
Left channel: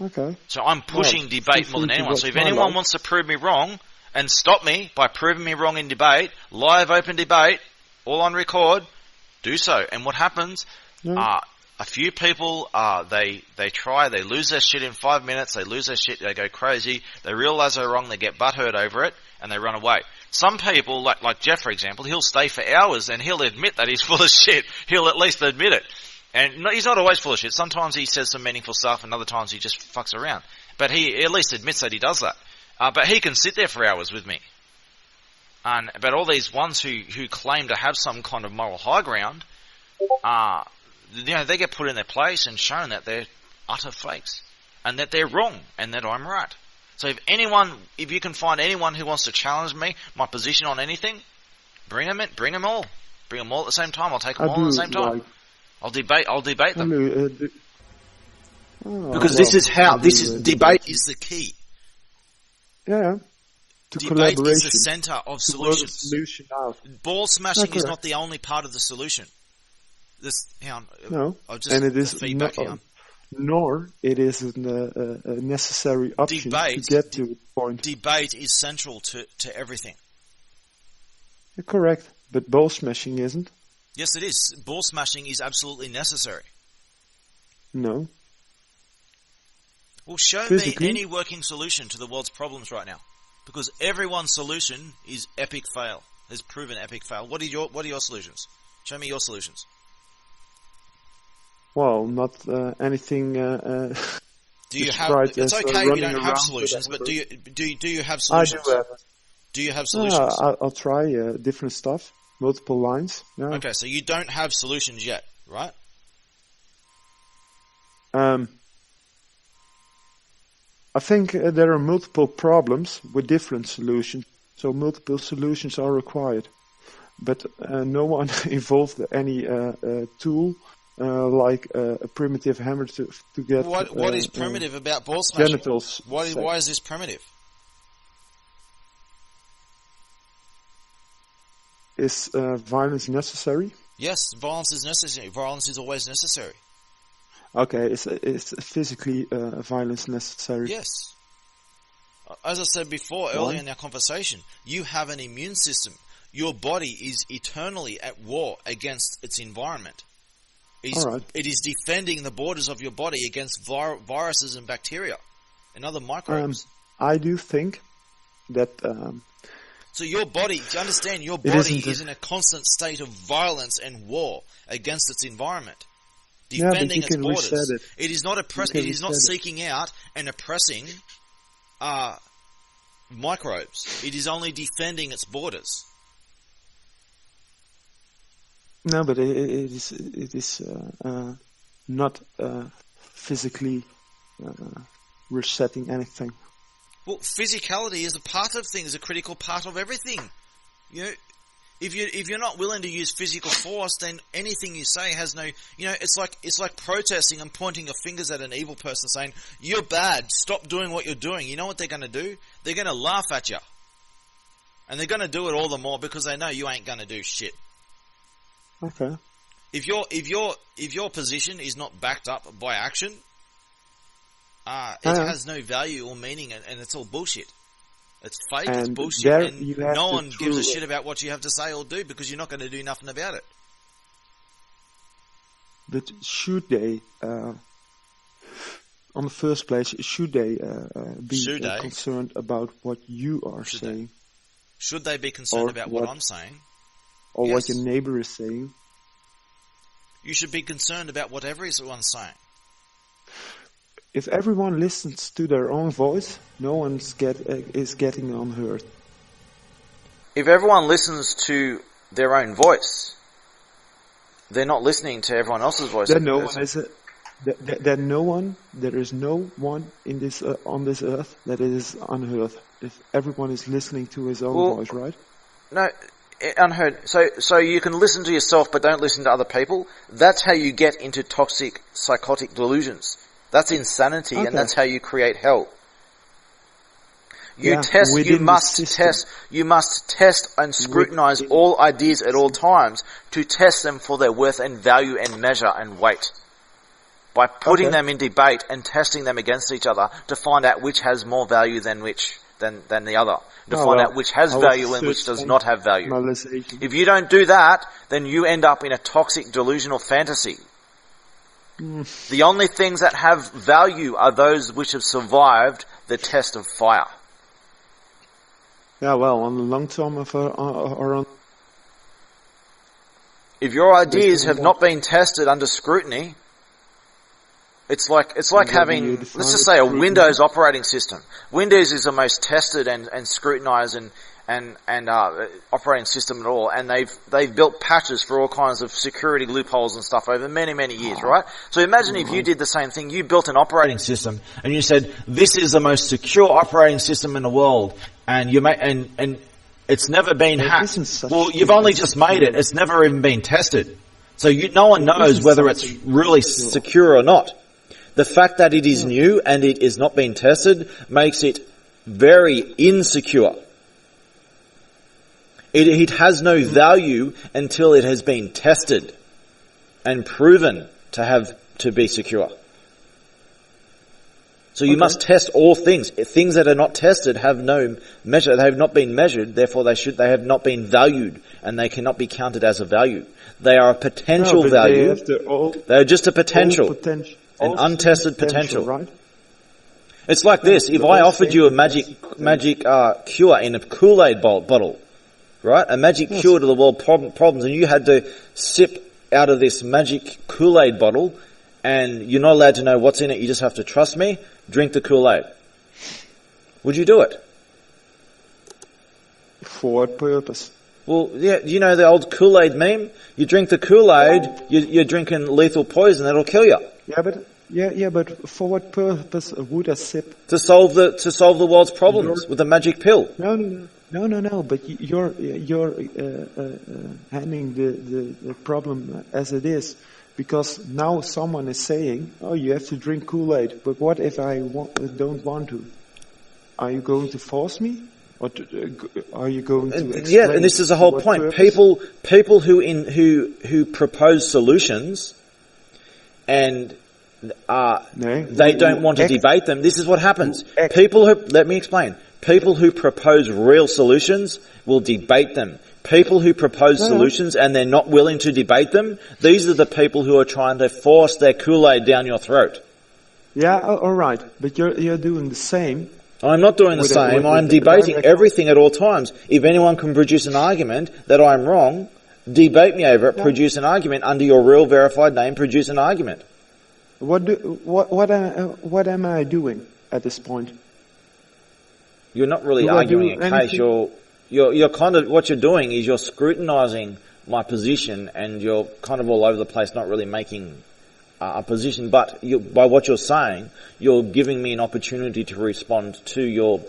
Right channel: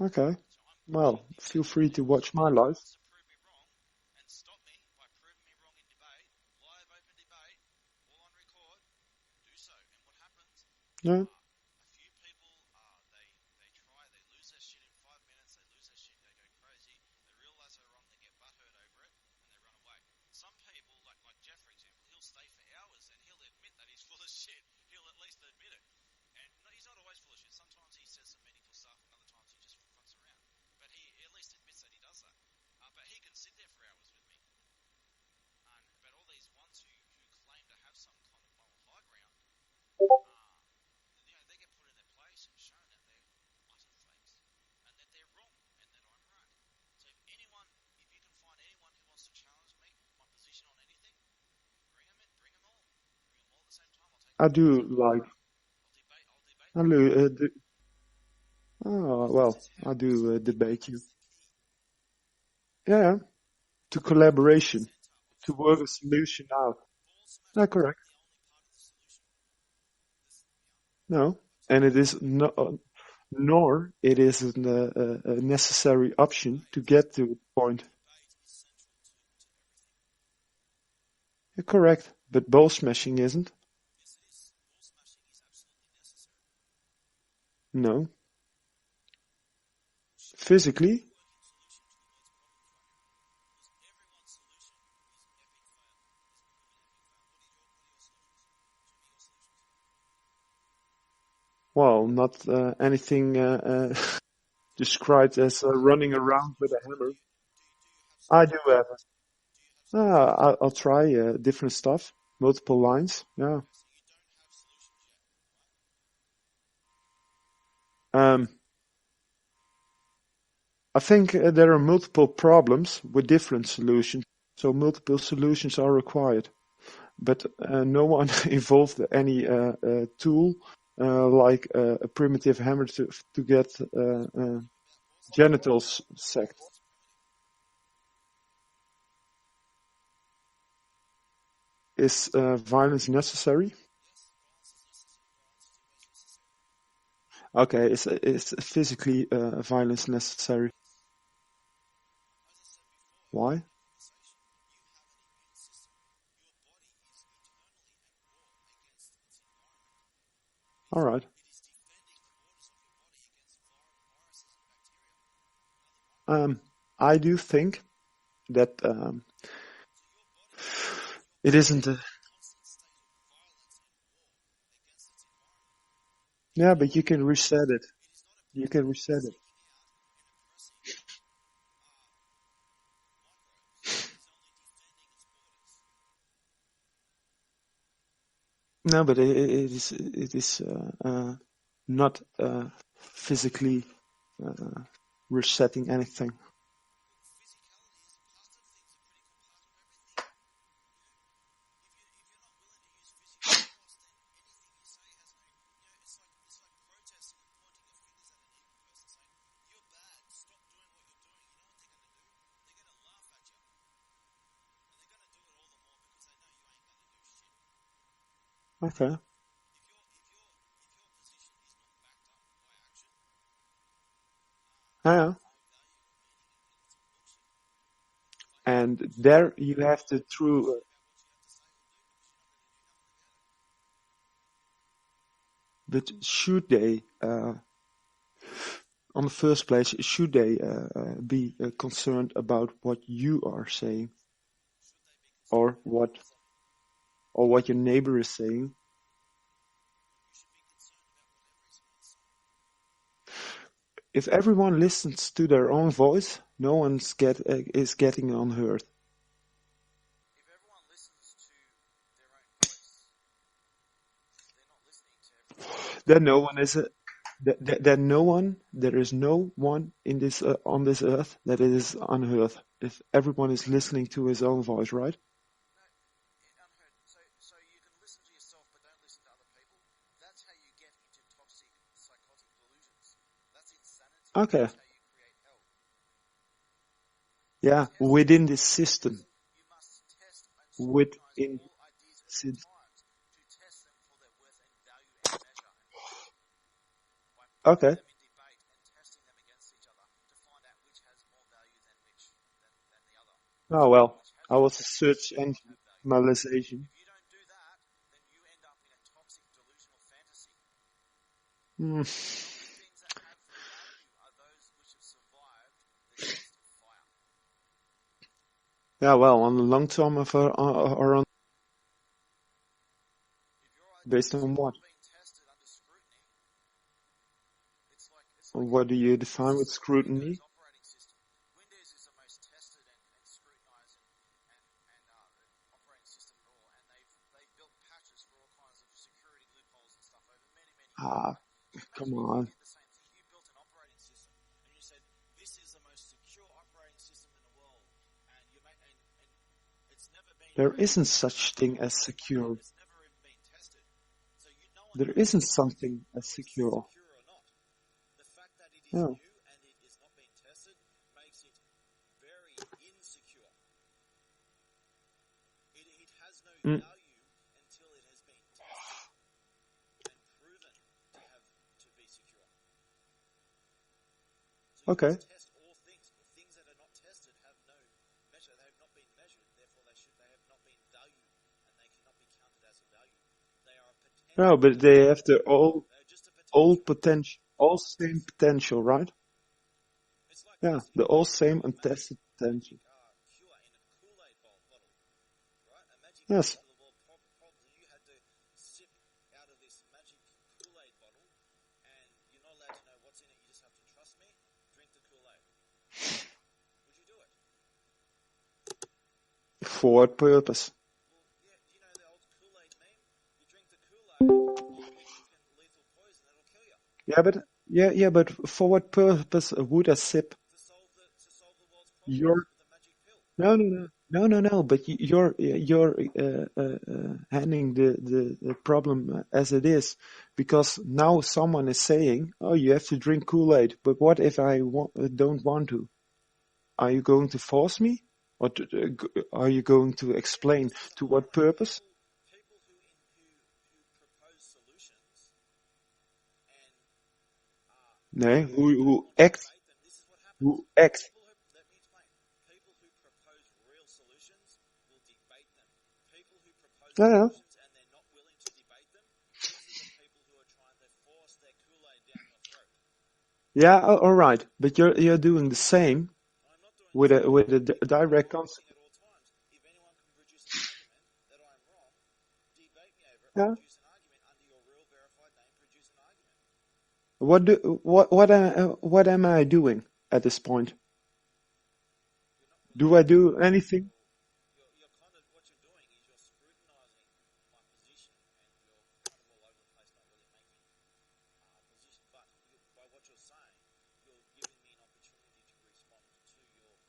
Okay. So I'm pushing debate more than anyone. So if anyone wants to prove me wrong and stop me by proving me wrong in debate, live open debate, all on record, do so. And what happens? A few people, they lose their shit in 5 minutes, they lose their shit, they go crazy, they realise they're wrong, they get butthurt over it, and they run away. Some people, like Jeff, for example, he'll stay for hours and he'll admit that he's full of shit. He'll at least admit it. And he's not always full of shit. Sometimes he says some meaningful stuff, and other times he just fucks around. But he at least admits that he does that. But he can sit there for hours with me. But all these ones who claim to have some kind of moral high ground, they get put in their place and shown that they're utter fakes and that they're wrong and that I'm right. So if you can find anyone who wants to challenge me, my position on anything, bring them all. Bring them all at the same time. I'll take them all at the same time. I'll debate them. Because debate is the key. Yeah. To debate collaboration. Is the center of to work a solution out. Ball smashing is not the only part of the solution. No, and it is nor it is a necessary option to get to the point. Debate is central to everything. You're correct, but ball smashing isn't. Yes, it is. Ball smashing is absolutely necessary. No. Well, show me any working solution to the world's problems right now, because everyone's solution is epic fail. has proven epic fail. What are your solutions? Show me your solutions. Well, not anything described as running around. Solutions, but do you have solutions? I do have. Do you have solutions? I'll try different stuff, multiple lines. Yeah. Okay, so you don't have solutions yet, right? I think there are multiple problems with different solutions, so multiple solutions are required. But no one involved any tool like a primitive hammer to get what is primitive about ball smashing? Genitals. Why is this primitive? Is violence necessary? Yes, violence is necessary. Violence is always necessary. Okay, is physically violence necessary? Yes. As I said before, earlier in our conversation, you have an immune system. Your body is eternally at war against its environment. It is defending the borders of your body against viruses and bacteria and other microbes. I do think that... so your body, do you understand, your body is in a constant state of violence and war against its environment. But you can reset it. It is not it is not seeking out and oppressing microbes. It is only defending its borders. No, but it is not physically resetting anything. Well, physicality is a part of things, a critical part of everything. You know, if you're not willing to use physical force, then anything you say has no. You know, it's like protesting and pointing your fingers at an evil person, saying you're bad. Stop doing what you're doing. You know what they're going to do? They're going to laugh at you, and they're going to do it all the more because they know you ain't going to do shit. Okay. If your position is not backed up by action, it has no value or meaning, and it's all bullshit. It's fake, it's bullshit, and no one gives a shit about what you have to say or do because you're not going to do nothing about it. But should they, on the first place, should they be concerned about what you are saying? Should they be concerned about what I'm saying? Or what your neighbor is saying? You should be concerned about what everyone's saying. If everyone listens to their own voice, no one is getting unheard. If everyone listens to their own voice, they're not listening to everyone else's voice. Then there is no one in this on this earth that is unheard. If everyone is listening to his own voice, right? No, unheard. So you can listen to yourself, but don't listen to other people. That's how you get into toxic, psychotic delusions. That's insanity, and that's how you create hell. You must test and scrutinize all ideas at all times to test them for their worth and value and measure and weight. By putting them in debate and testing them against each other to find out which has more value than the other. To find out which has value and which does not have value. If you don't do that, then you end up in a toxic delusional fantasy. The only things that have value are those which have survived the test of fire. Yeah, well, on the long term or on... If your ideas have not been tested under scrutiny, it's like having, let's just say, a Windows operating system. Windows is the most tested and scrutinized and operating system at all, and they've built patches for all kinds of security loopholes and stuff over many years, right? So imagine if you did the same thing. You built an operating system, and you said this is the most secure operating system in the world, and and it's never been hacked. Well, you've only just made it. It's never even been tested, so no one knows whether it's really secure or not. The fact that it is new and it is not being tested makes it very insecure. It has no value until it has been tested and proven to be secure. So you must test all things. Things that are not tested have no measure. They have not been measured. Therefore, they have not been valued, and they cannot be counted as a value. They are a potential value. They are just a potential, an untested potential, right? It's like this: if I offered you a magic cure in a Kool-Aid bottle. right? A magic cure to the world problems, and you had to sip out of this magic Kool-Aid bottle, and you're not allowed to know what's in it. You just have to trust me. Drink the Kool-Aid. Would you do it? For what purpose? Well, yeah. You know the old Kool-Aid meme? You drink the Kool-Aid, you're drinking lethal poison that'll kill you. Yeah, but for what purpose would I sip? To solve the world's problems with a magic pill. No. But you're handling the problem as it is, because now someone is saying, "Oh, you have to drink Kool-Aid." But what if I don't want to? Are you going to force me, or are you going to explain? Yeah, and this is the whole point. Purpose? People who propose solutions, and they don't want to debate them. This is what happens. Let me explain. People who propose real solutions will debate them. People who propose solutions and they're not willing to debate them, these are the people who are trying to force their Kool-Aid down your throat. Yeah, all right, but you're doing the same. I'm not doing the same. I'm debating everything at all times. If anyone can produce an argument that I'm wrong, debate me over it, produce an argument under your real verified name, produce an argument. What am I doing at this point? You're not really arguing a case. You're kind of, what you're doing is you're scrutinizing my position, and you're kind of all over the place, not really making a position. But by what you're saying, you're giving me an opportunity to respond to your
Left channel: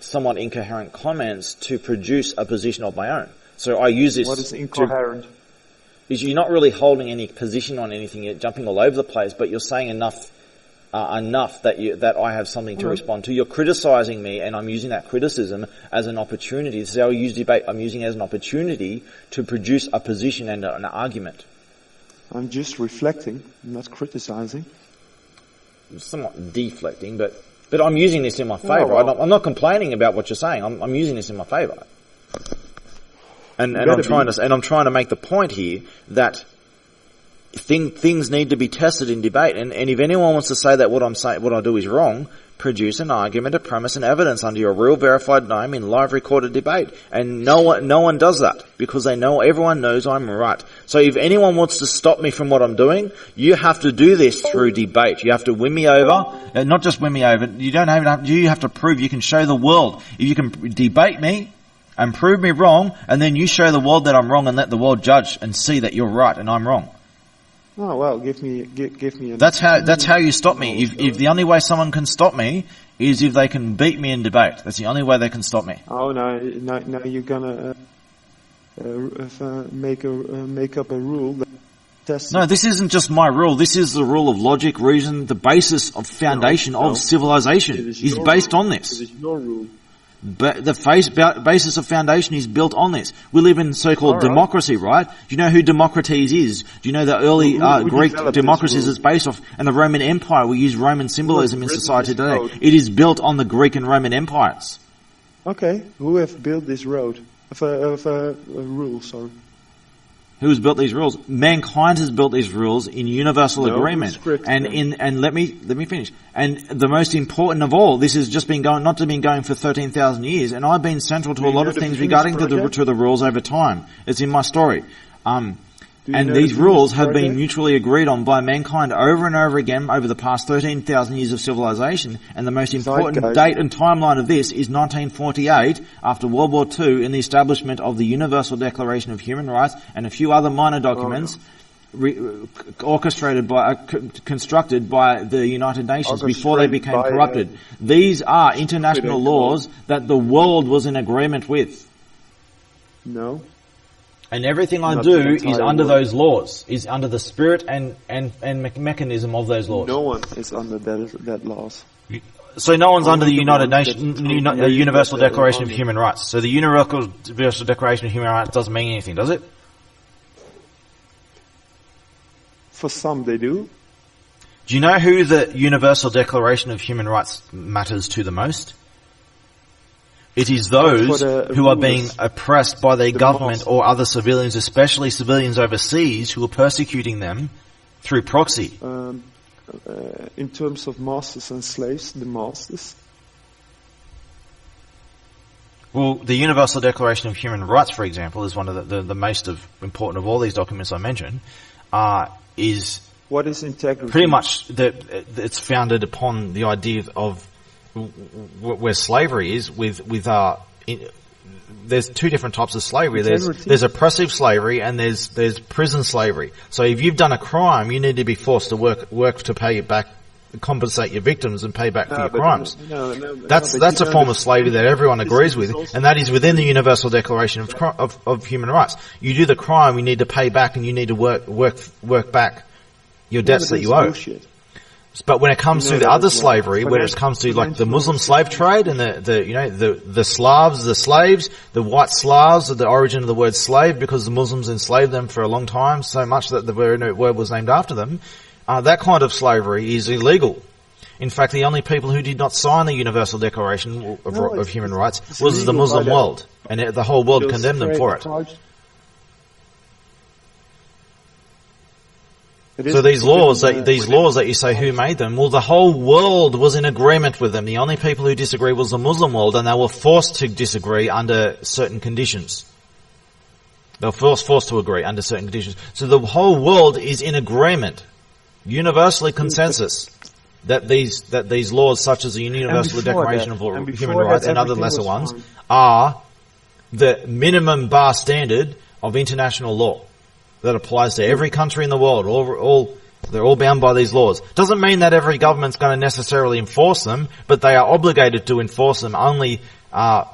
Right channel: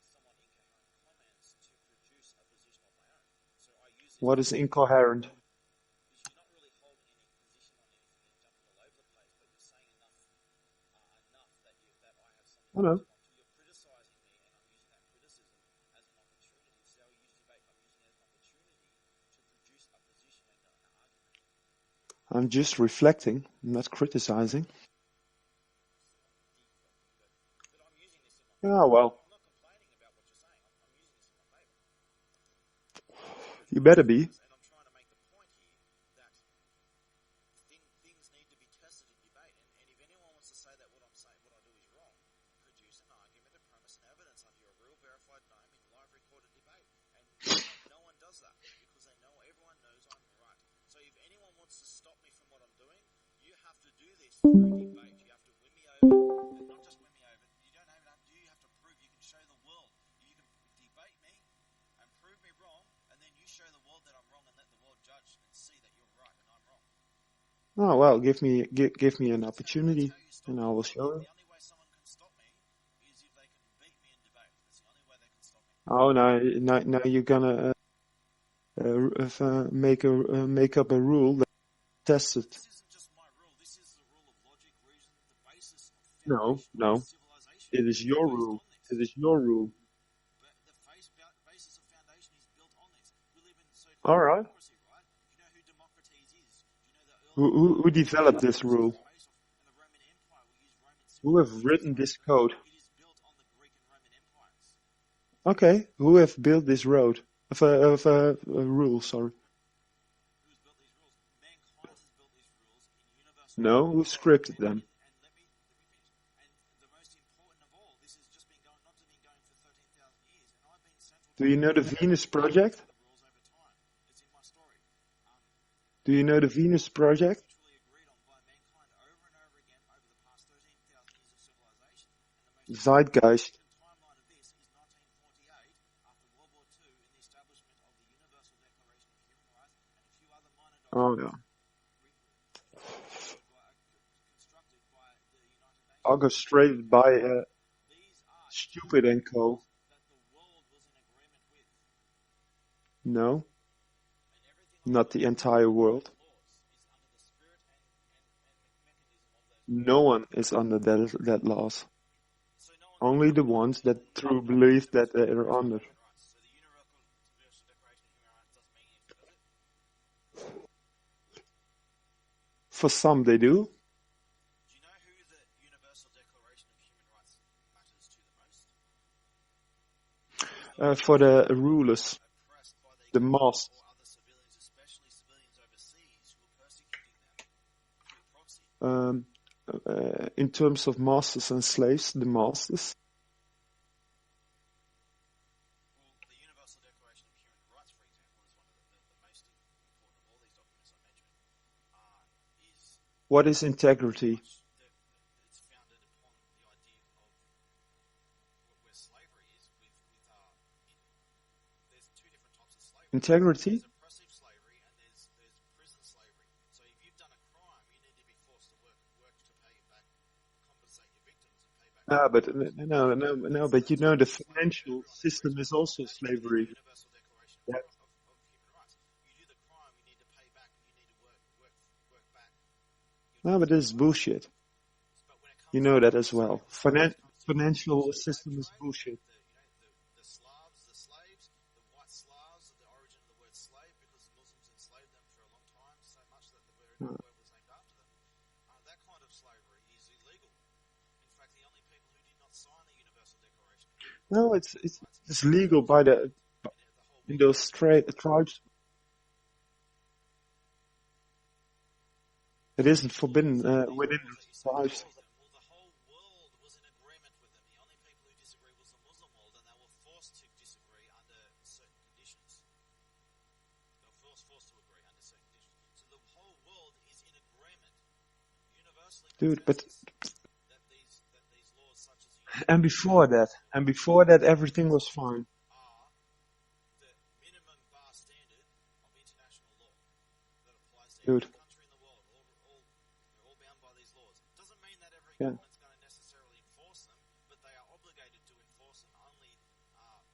somewhat incoherent comments to produce a position of my own. So I use this. What is incoherent? Is you're not really holding any position on anything. You're jumping all over the place, but you're saying enough that I have something to respond to. You're criticizing me, and I'm using that criticism as an opportunity. This is how I use debate. I'm using it as an opportunity to produce a position and an argument. I'm just reflecting. I'm not criticizing. I'm somewhat deflecting, but I'm using this in my favor. I'm not complaining about what you're saying. I'm using this in my favor. And I'm trying to make the point here that things need to be tested in debate. And if anyone wants to say that what I do is wrong, produce an argument, a premise, and evidence under your real verified name in live recorded debate. And no one does that, because everyone knows I'm right. So if anyone wants to stop me from what I'm doing, you have to do this through debate. You have to win me over. Not just win me over. You have to prove. You can show the world. If you can debate me and prove me wrong, and then you show the world that I'm wrong, and let the world judge and see that you're right and I'm wrong. Oh well, give me an. That's how you stop me. If the only way someone can stop me is if they can beat me in debate. That's the only way they can stop me. Oh no! You're gonna make up a rule that tests. No, this isn't just my rule. This is the rule of logic, reason, the basis of foundation of civilization is based on this. It is your rule. But the basis of foundation is built on this. We live in so-called democracy, right? Do you know who Democrates is? Do you know the early Greek democracies is based off? And the Roman Empire, we use Roman symbolism in society today. It is built on the Greek and Roman empires. Okay, who have built this rule? Sorry. Who has built these rules? Mankind has built these rules in universal agreement. And let me finish. And the most important of all, this has just been going for 13,000 years, and I've been central to a lot of things regarding to the rules over time. It's in my story. And these rules have been mutually agreed on by mankind over and over again over the past 13,000 years of civilization. And the most important date and timeline of this is 1948, after World War II, in the establishment of the Universal Declaration of Human Rights and a few other minor documents constructed by the United Nations before they became corrupted. These are international laws that the world was in agreement with. No. And everything I do is under those laws, is under the spirit and mechanism of those laws. No one is under that laws. So no one's under the United Nations, the Universal Declaration of Human Rights. So the Universal Declaration of Human Rights doesn't mean anything, does it? For some, they do. Do you know who the Universal Declaration of Human Rights matters to the most? It is those who are being oppressed by their government or other civilians, especially civilians overseas, who are persecuting them through proxy. In terms of masters and slaves, the masters. Well, the Universal Declaration of Human Rights, for example, is one of the most important of all these documents I mentioned. Is what is integrity? Pretty much it's founded upon the idea of where slavery is. There's two different types of slavery. There's oppressive slavery and there's prison slavery. So if you've done a crime, you need to be forced to work to pay it back, compensate your victims and pay back for your crimes. That's a form of slavery that everyone agrees with, and that is within the Universal Declaration of Human Rights. You do the crime, you need to pay back, and you need to work back your debts that you owe. Bullshit. But when it comes to other slavery, when it comes to like the Muslim slave trade and the Slavs, the slaves, the white Slavs are the origin of the word slave because the Muslims enslaved them for a long time, so much that the word was named after them. That kind of slavery is illegal. In fact, the only people who did not sign the Universal Declaration of Human Rights was the Muslim world, and the whole world condemned them for it. So these laws that you say who made them, well, the whole world was in agreement with them. The only people who disagree was the Muslim world, and they were forced to disagree under certain conditions. They were forced to agree under certain conditions. So the whole world is in agreement, universally consensus, that these laws, such as the Universal Declaration of Human Rights and other lesser ones, are the minimum bar standard of international law that applies to every country in the world. They're all bound by these laws. Doesn't mean that every government's going to necessarily enforce them, but they are obligated to enforce them only, and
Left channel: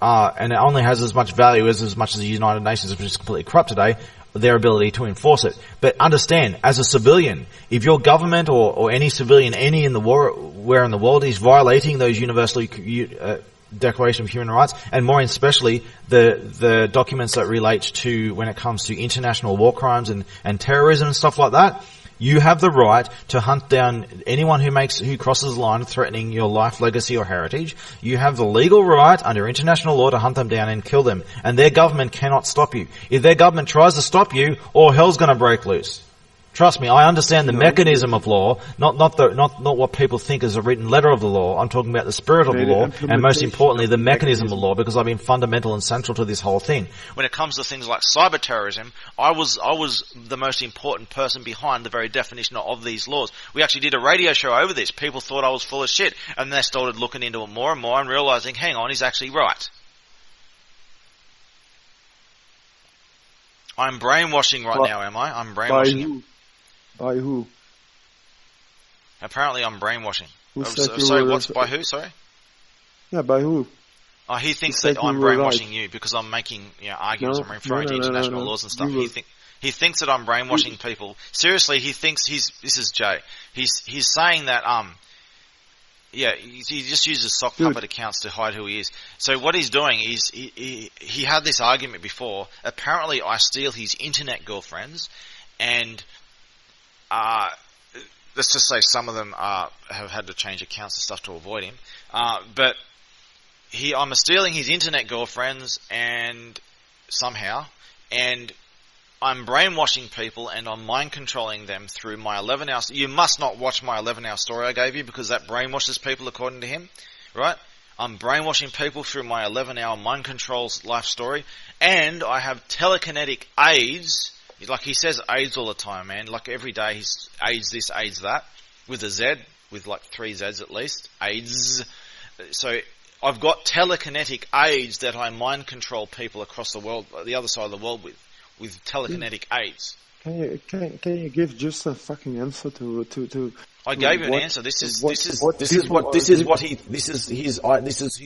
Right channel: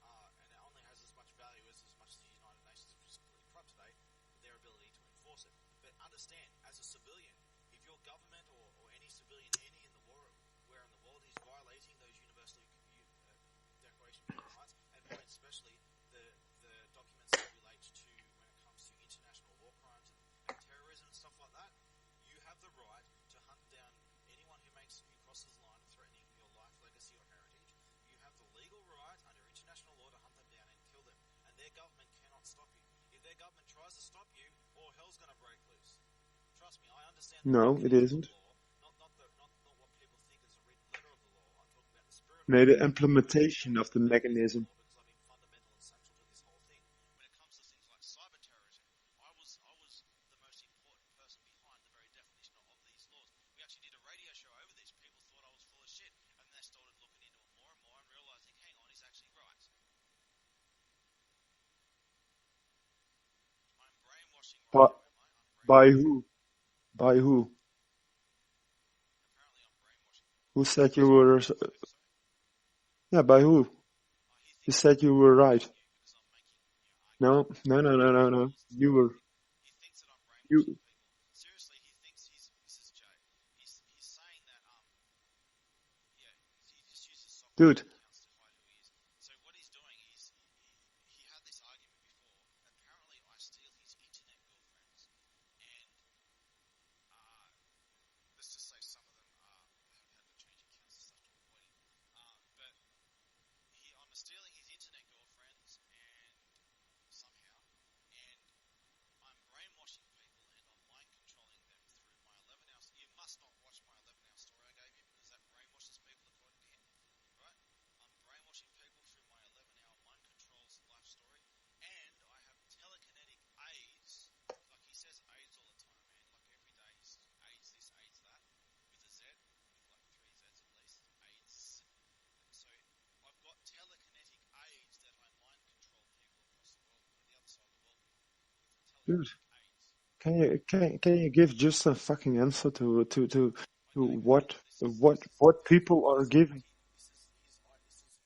it only has as much value as much as the United Nations, which is completely corrupt today, their ability to enforce it. But understand, as a civilian, if your government or any civilian where in the world is violating those universal Declaration of Human Rights, and more especially the documents that relate to when it comes to international war crimes and terrorism and stuff like that, you have the right to hunt down anyone who crosses the line threatening your life, legacy or heritage. You have the legal right under international law to hunt them down and kill them, and their government cannot stop you. If their government tries to stop you, all hell's going to break loose. Trust me, I understand the mechanism of law, not what people think is a written letter of the law. I'm talking about the spirit of the law, and most importantly, the mechanism of the law, because I've been fundamental and central to this whole thing. When it comes to things like cyber terrorism, I was the most important person behind the very definition of these laws. We actually did a radio show over this. People thought I was full of shit, and they started looking into it more and more and realizing, hang on, he's actually right. I'm brainwashing now, am I? I'm brainwashing. By who? Apparently I'm brainwashing. Who said you were... By who, sorry? Yeah, by who? He thinks that I'm brainwashing you because I'm making arguments. I'm referring to international laws and stuff. He thinks that I'm brainwashing people. Seriously, he thinks this is Jay. He's saying that he just uses sock puppet accounts to hide who he is. So what he's doing is he had this argument before. Apparently I steal his internet girlfriends, and let's just say some of them have had to change accounts and stuff to avoid him. But I'm stealing his internet girlfriends and I'm brainwashing people and I'm mind controlling them through my 11 hours. You must not watch my 11-hour story I gave you because that brainwashes people according to him, right? I'm brainwashing people through my 11-hour mind controls life story, and I have telekinetic aids. Like he says AIDS all the time, man. Like every day he's AIDS this, AIDS that, with a Z, with like 3 Zs at least. AIDS. So I've got telekinetic aids that I mind control people across the world, the other side of the world with telekinetic aids. Can you give just a fucking answer to I gave you an answer. This is his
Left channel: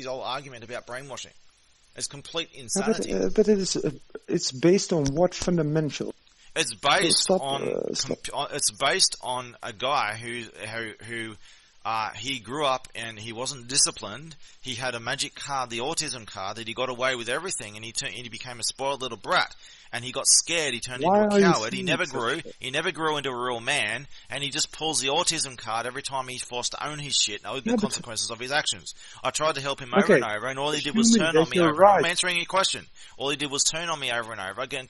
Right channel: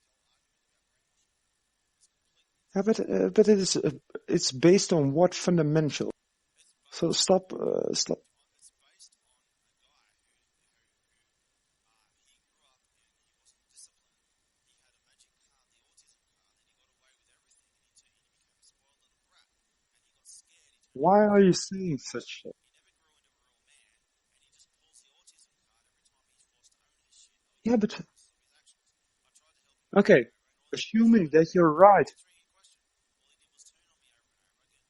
whole argument about brainwashing. It's complete insanity. But it's based on what fundamental? It's based It's based on a guy who he grew up and he wasn't disciplined. He had a magic card, the autism card, that he got away with everything, and he became a spoiled little brat. And he got scared. He turned into a coward. He never grew. He never grew into a real man. And he just pulls the autism card every time he's forced to own his shit and own the consequences of his actions. I tried to help him over and over, and all he did was turn on me over. I'm answering your question. All he did was turn on me over and over, getting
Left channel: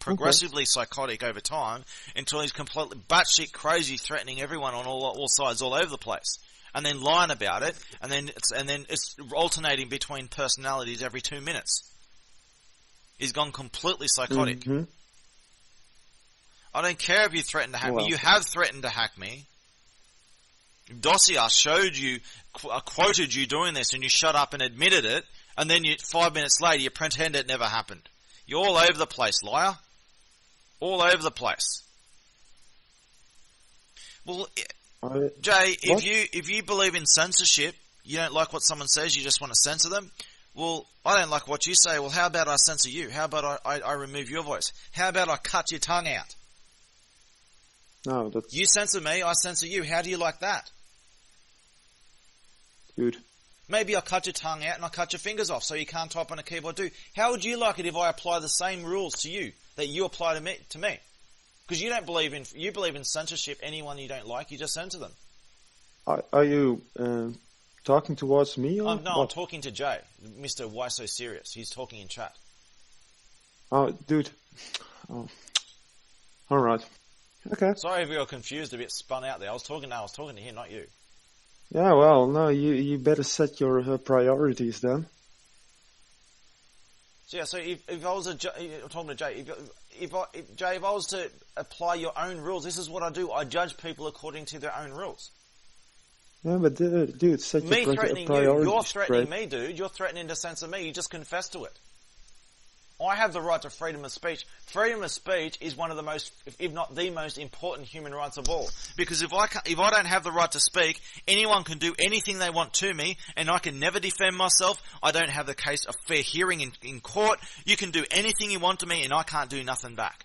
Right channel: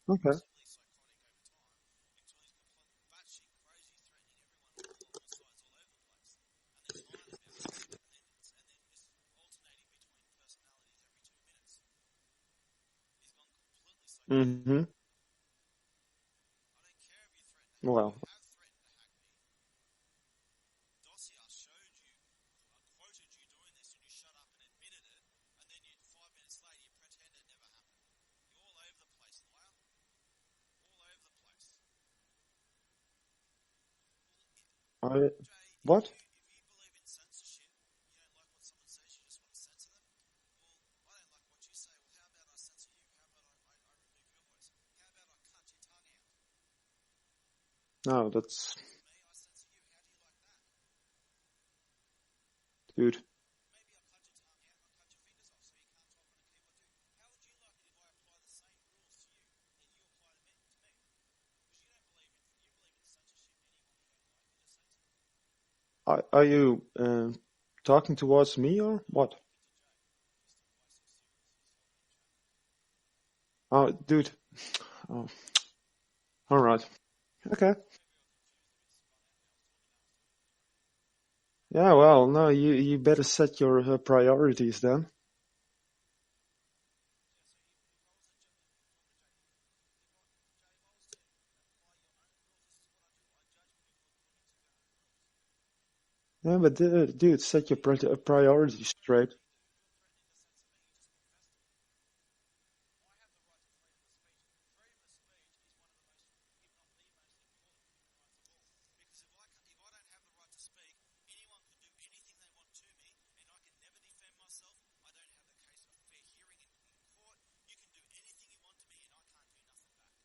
progressively psychotic over time, until he's completely batshit crazy, threatening everyone on all sides, all over the place. and then lying about it, and then it's alternating between personalities every 2 minutes. He's gone completely psychotic. Mm-hmm. I don't care if you threaten to hack Well. me. You have threatened to hack me. Dossier showed you, quoted you doing this, and you shut up and admitted it, and then 5 minutes later you pretend it never happened. You're all over the place, liar. All over the place. Well, Jay, if you believe in censorship, you don't like what someone says, you just want to censor them. Well, I don't like what you say. Well, how about I censor you? How about I remove your voice? How about I cut your tongue out? No, that's... You censor me, I censor you. How do you like that? Dude. Maybe I'll cut your tongue out and I'll cut your fingers off so you can't type on a keyboard too. How would you like it if I apply the same rules to you that you apply to me? Because you believe in censorship. Anyone you don't like, you just censor them. Are you talking towards me or No, what? I'm talking to Jay, Mr. Why So Serious. He's talking in chat. Oh, dude. Oh. All right. Okay. Sorry if you were confused, a bit spun out there. I was talking to him, not you. Yeah, well, no, you better set your priorities then. So yeah, so if I was I'm talking to Jay, if I was to apply your own rules, this is what I do. I judge people according to their own rules. Yeah, but dude, set your priorities You're threatening straight. me, dude. You're threatening to censor me. You just confess to it. I have the right to freedom of speech. Freedom of speech is one of the most, if not the most important human rights of all. Because if I don't have the right to speak, anyone can do anything they want to me, and I can never defend myself. I don't have the case of fair hearing in court. You can do anything you want to me, and I can't do nothing back.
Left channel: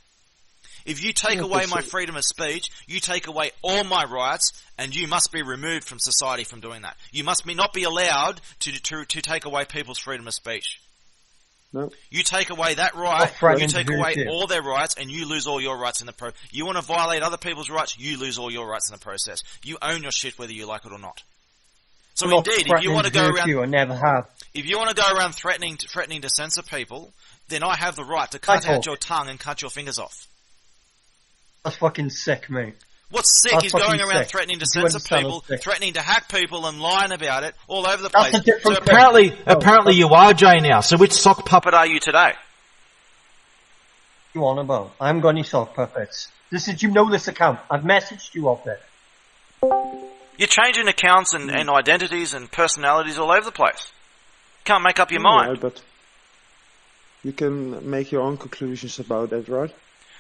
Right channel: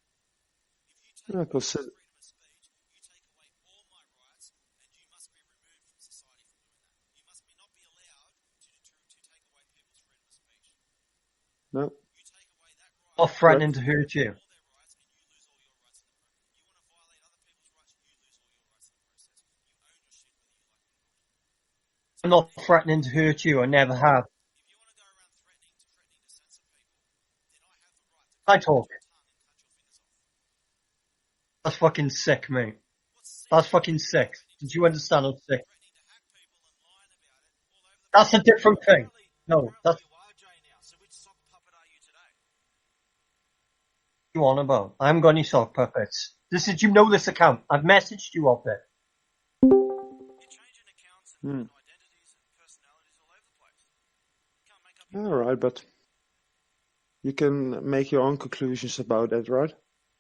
If you take away my freedom of speech, you take away all my rights, and you must be removed from society from doing that. You must not be allowed to take away people's freedom of speech. No. You take away that right, you take away all their rights, and you lose all your rights in the process. You want to violate other people's rights, you lose all your rights in the process. You own your shit whether you like it or not. So I'm not indeed, threatening if you want to to go hurt around, you, I never have. If you want to go around threatening to censor people, then I have the right to cut out your tongue and cut your fingers off. That's fucking sick, mate. What's sick That's is going fucking around sick. threatening to Do you censor understand people, what's sick? threatening to hack people and lying about it all over the place. That's a different So thing. apparently you are Jay now. So which sock puppet are you today? You on about? I haven't got any sock puppets. You know this account. I've messaged you off it. You're changing accounts and identities and personalities all over the place. Can't make up your mind. Right, but you can make your own conclusions about that, right?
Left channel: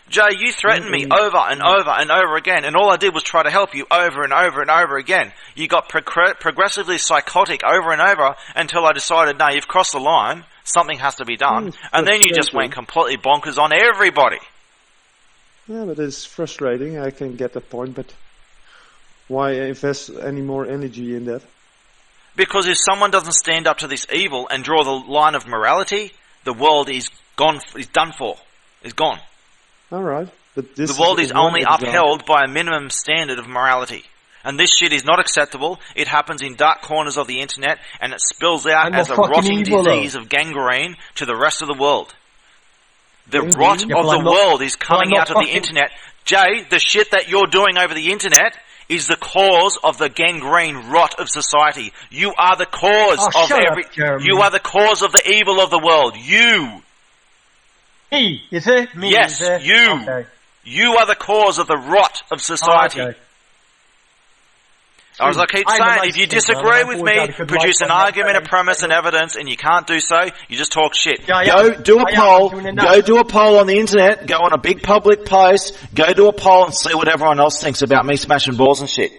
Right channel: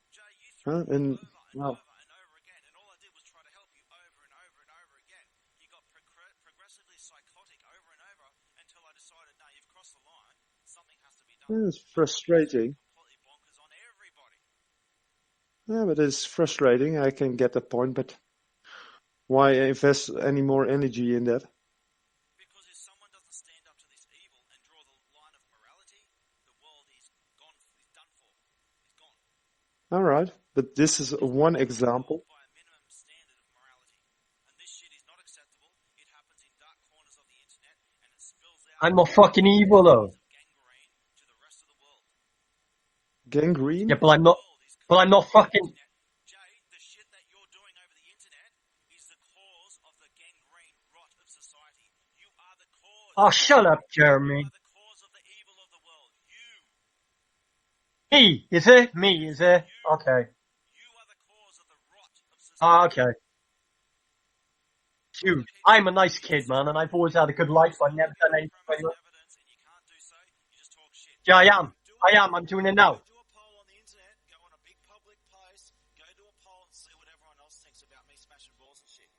Jay, you threatened me over and over and over again, and all I did was try to help you over and over and over again. You got progressively psychotic over and over until I decided, no, you've crossed the line, something has to be done. And then you just went completely bonkers on everybody. Yeah, but it's frustrating. I can get the point, but why invest any more energy in that? Because if someone doesn't stand up to this evil and draw the line of morality, the world is gone, is done for, is gone. All right, but this the world is one only example. upheld by a minimum standard of morality. And this shit is not acceptable. It happens in dark corners of the internet, and it spills out as a rotting disease of gangrene to the rest of the world. The rot of the world is coming out of the internet. Jay, the shit that you're doing over the internet is the cause of the gangrene rot of society. You are the cause you are the cause of the evil of the world. You. Me, is it? Me, yes, is it? you. Okay. You are the cause of the rot of society. Okay. As I keep saying, if you disagree with me, produce an argument, a premise, and evidence, and you can't do so, you just talk shit. Go do a poll on the internet, go on a big public post, go do a poll and see what everyone else thinks about me smashing balls and shit.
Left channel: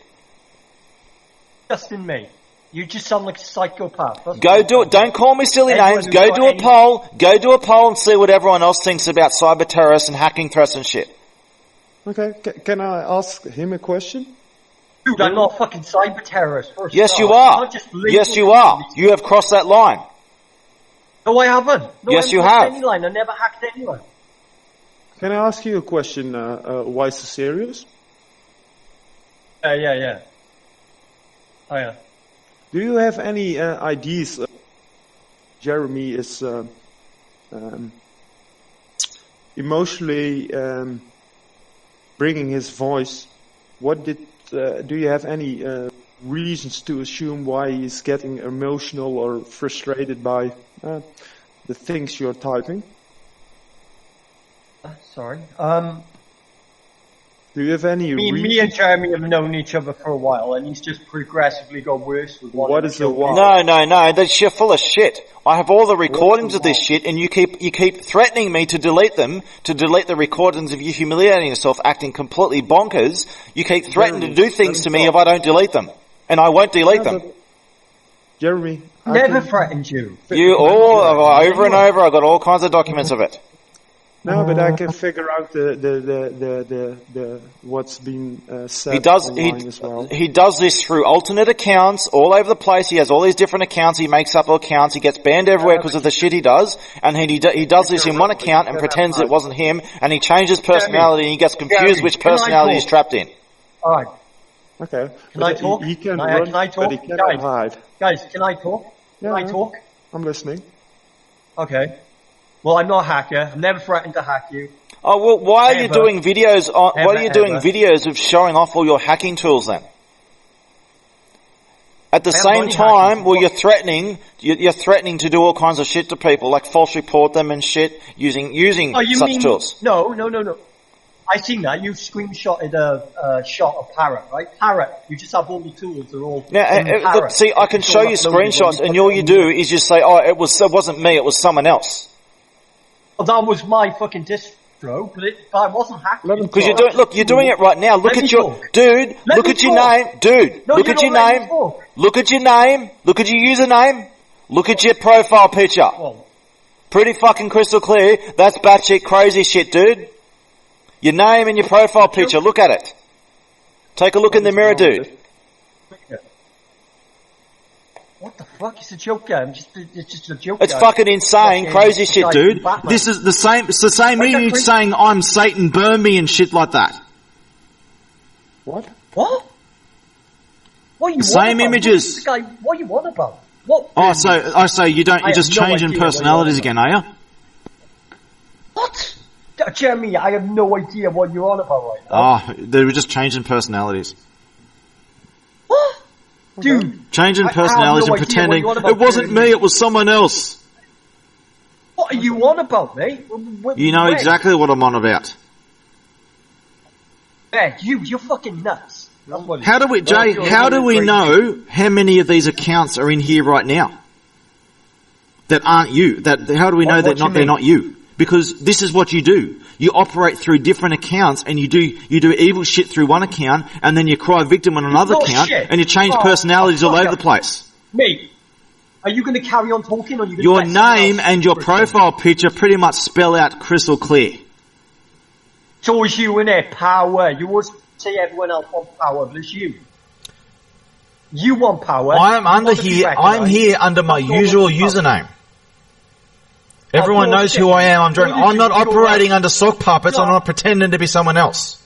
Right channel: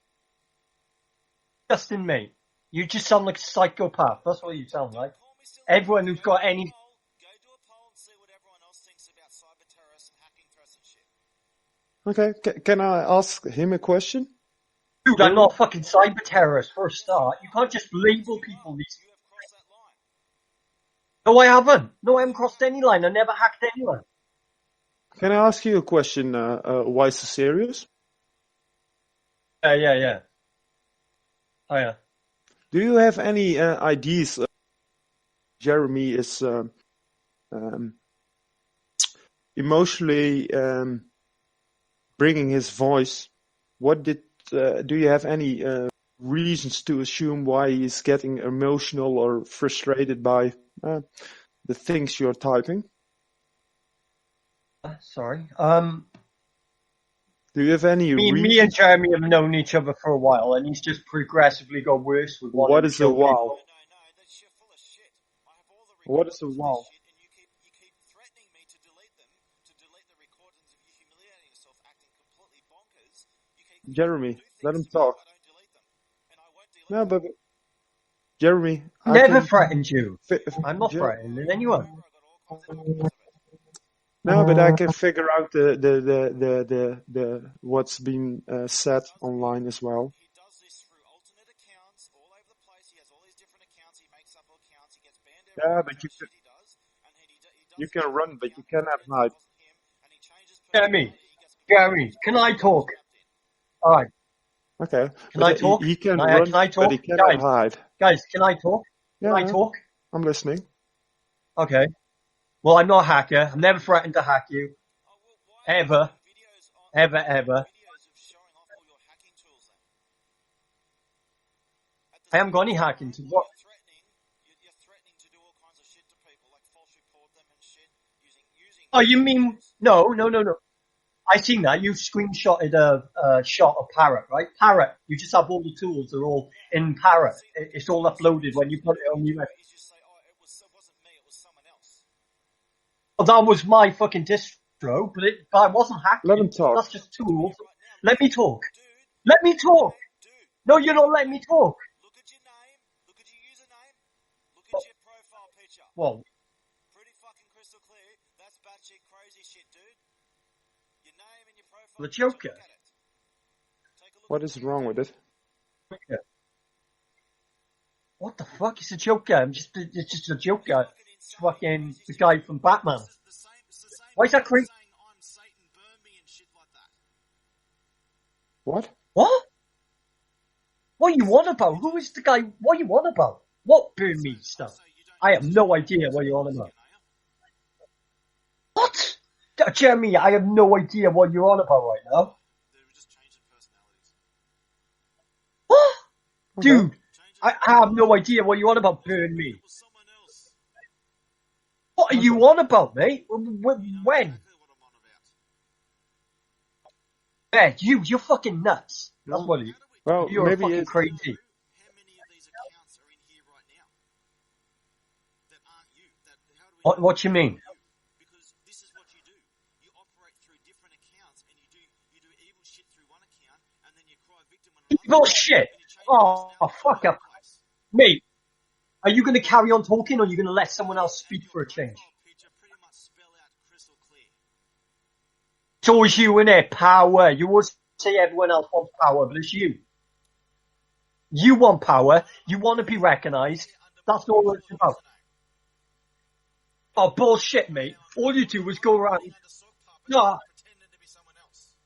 Justin, mate. You just sound like a psychopath. Go do it. Don't call me silly names. Go do a poll. Go do a poll and see what everyone else thinks about cyber terrorists and hacking threats and shit. Okay, can I ask him a question? Dude, I'm not a fucking cyber terrorist. Yes, you are. Yes, you are. You have crossed that line. No, I haven't. No, yes, I haven't you crossed have. any line. I never hacked anyone. Can I ask you a question? Why so serious? Yeah. Oh, yeah. Do you have any ideas? Jeremy is emotionally bringing his voice. What do you have any reasons to assume why he's getting emotional or frustrated by the things you're typing. Sorry. Do you have any Me and Jeremy have known each other for a while, and he's just progressively got worse with one. What is the why? No, that's you're full of shit. I have all the recordings of this shit, and you keep threatening me to delete them, to delete the recordings of you humiliating yourself, acting completely bonkers. You keep threatening to do things to me if I don't delete them, and I won't delete them. Jeremy, never threatened you. You all over and over. I've got all kinds of documents of it. No, but I can figure out the what's been said online as well. He does this through alternate accounts all over the place. He has all these different accounts. He makes up accounts. He gets banned everywhere because of the shit he does. And he does this in one account and pretends it wasn't him. And he changes personality and he gets confused which personality he's trapped in. All right. Okay. Can I talk? He can run, can I talk? but he cannot hide. Guys, can I talk? Can I talk? I'm listening. Okay. Well, I'm not a hacker. I've never threatened to hack you. Oh well, why are you doing videos? Why are you doing videos of showing off all your hacking tools then? At the same time, well, you're threatening to do all kinds of shit to people, like false report them and shit using such tools. No. I seen that. You screenshotted a shot of Parrot, right? Parrot. You just have all the tools. They're all in Parrot. Look, see, I can show you screenshots, and all you do is just say, "Oh, it wasn't me. It was someone else." Well, that was my fucking distro, but I wasn't hacking. Because you're doing it right now. Look at your name, dude. No, look at your name. Look at your name. Look at your username. Look at your profile picture. Well, pretty fucking crystal clear. That's batshit crazy shit, dude. Your name and your profile picture. Look at it. Take a look in the mirror, dude. What the fuck? It's a joke game. It's just a joke. It's fucking insane, crazy shit, dude. This is the same. It's the same image saying I'm Satan, burn me and shit like that. What? What? What are you same on about? images. What are you on about? What? Oh, so you don't? You're just changing personalities again, are you? What? Jeremy, I have no idea what you're on about right now. Oh, they were just changing personalities. What? Dude, changing personalities and pretending it wasn't me, it was someone else. What are you on about, mate? You know exactly what I'm on about. Yeah, you're fucking nuts. How do we, Jay? How do we know how many of these accounts are in here right now that aren't you? How do we know they're not you? Because this is what you do. You operate through different accounts, and you do evil shit through one account, and then you cry victim on another account, and you change personalities all over the place. Mate, are you going to carry on talking, or are you going to? Your name and your profile picture pretty much spell out crystal clear. It's always you, innit? Power. You always say everyone else wants power, but it's you. You want power. I'm here under my usual username. Everyone knows who I am. I'm not operating under sock puppets. I'm not pretending to be someone else.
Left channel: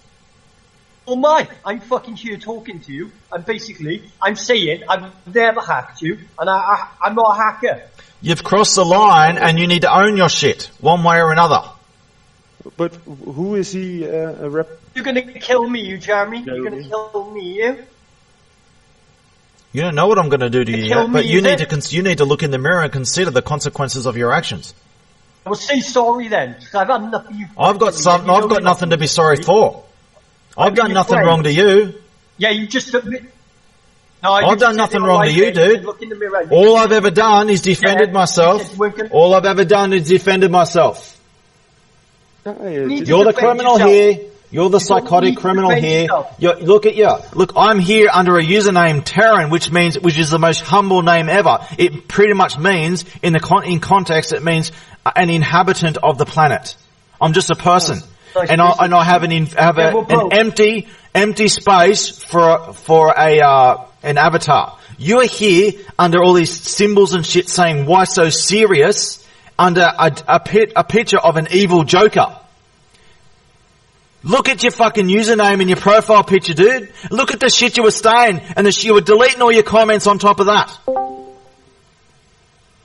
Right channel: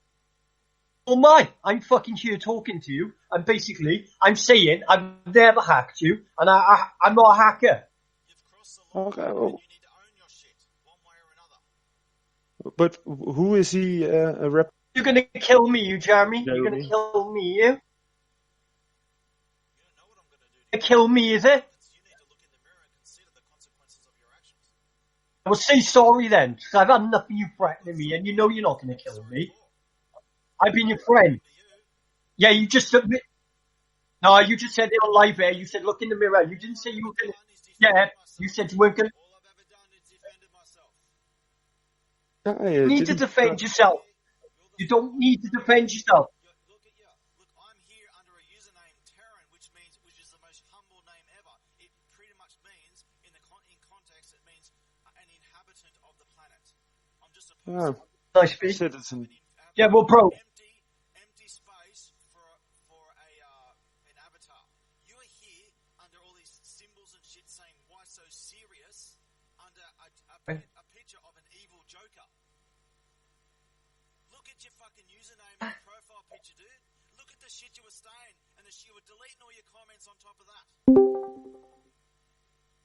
Oh I'm fucking here talking to you, and basically, I'm saying I've never hacked you, and I'm not a hacker. You've crossed the line, and you need to own your shit, one way or another. But who is he a rep? You're gonna kill me, you Jeremy. You're gonna kill me, you. You don't know what I'm going to do to you, but you need to look in the mirror and consider the consequences of your actions. Well, say sorry then. I've had enough of you. I've got nothing to be sorry for. I've done nothing wrong to you. Yeah, you just admit. No, I've done nothing wrong to you, dude. Look in the mirror. All I've ever done is defended myself. All I've ever done is defended myself. You're the criminal here. You're the psychotic criminal here. Look, I'm here under a username Terran, which is the most humble name ever. It pretty much means, in context, it means an inhabitant of the planet. I'm just a person, and I have an empty space for an avatar. You are here under all these symbols and shit saying why so serious under a picture of an evil Joker. Look at your fucking username and your profile picture, dude. Look at the shit you were saying, and you were deleting all your comments on top of that.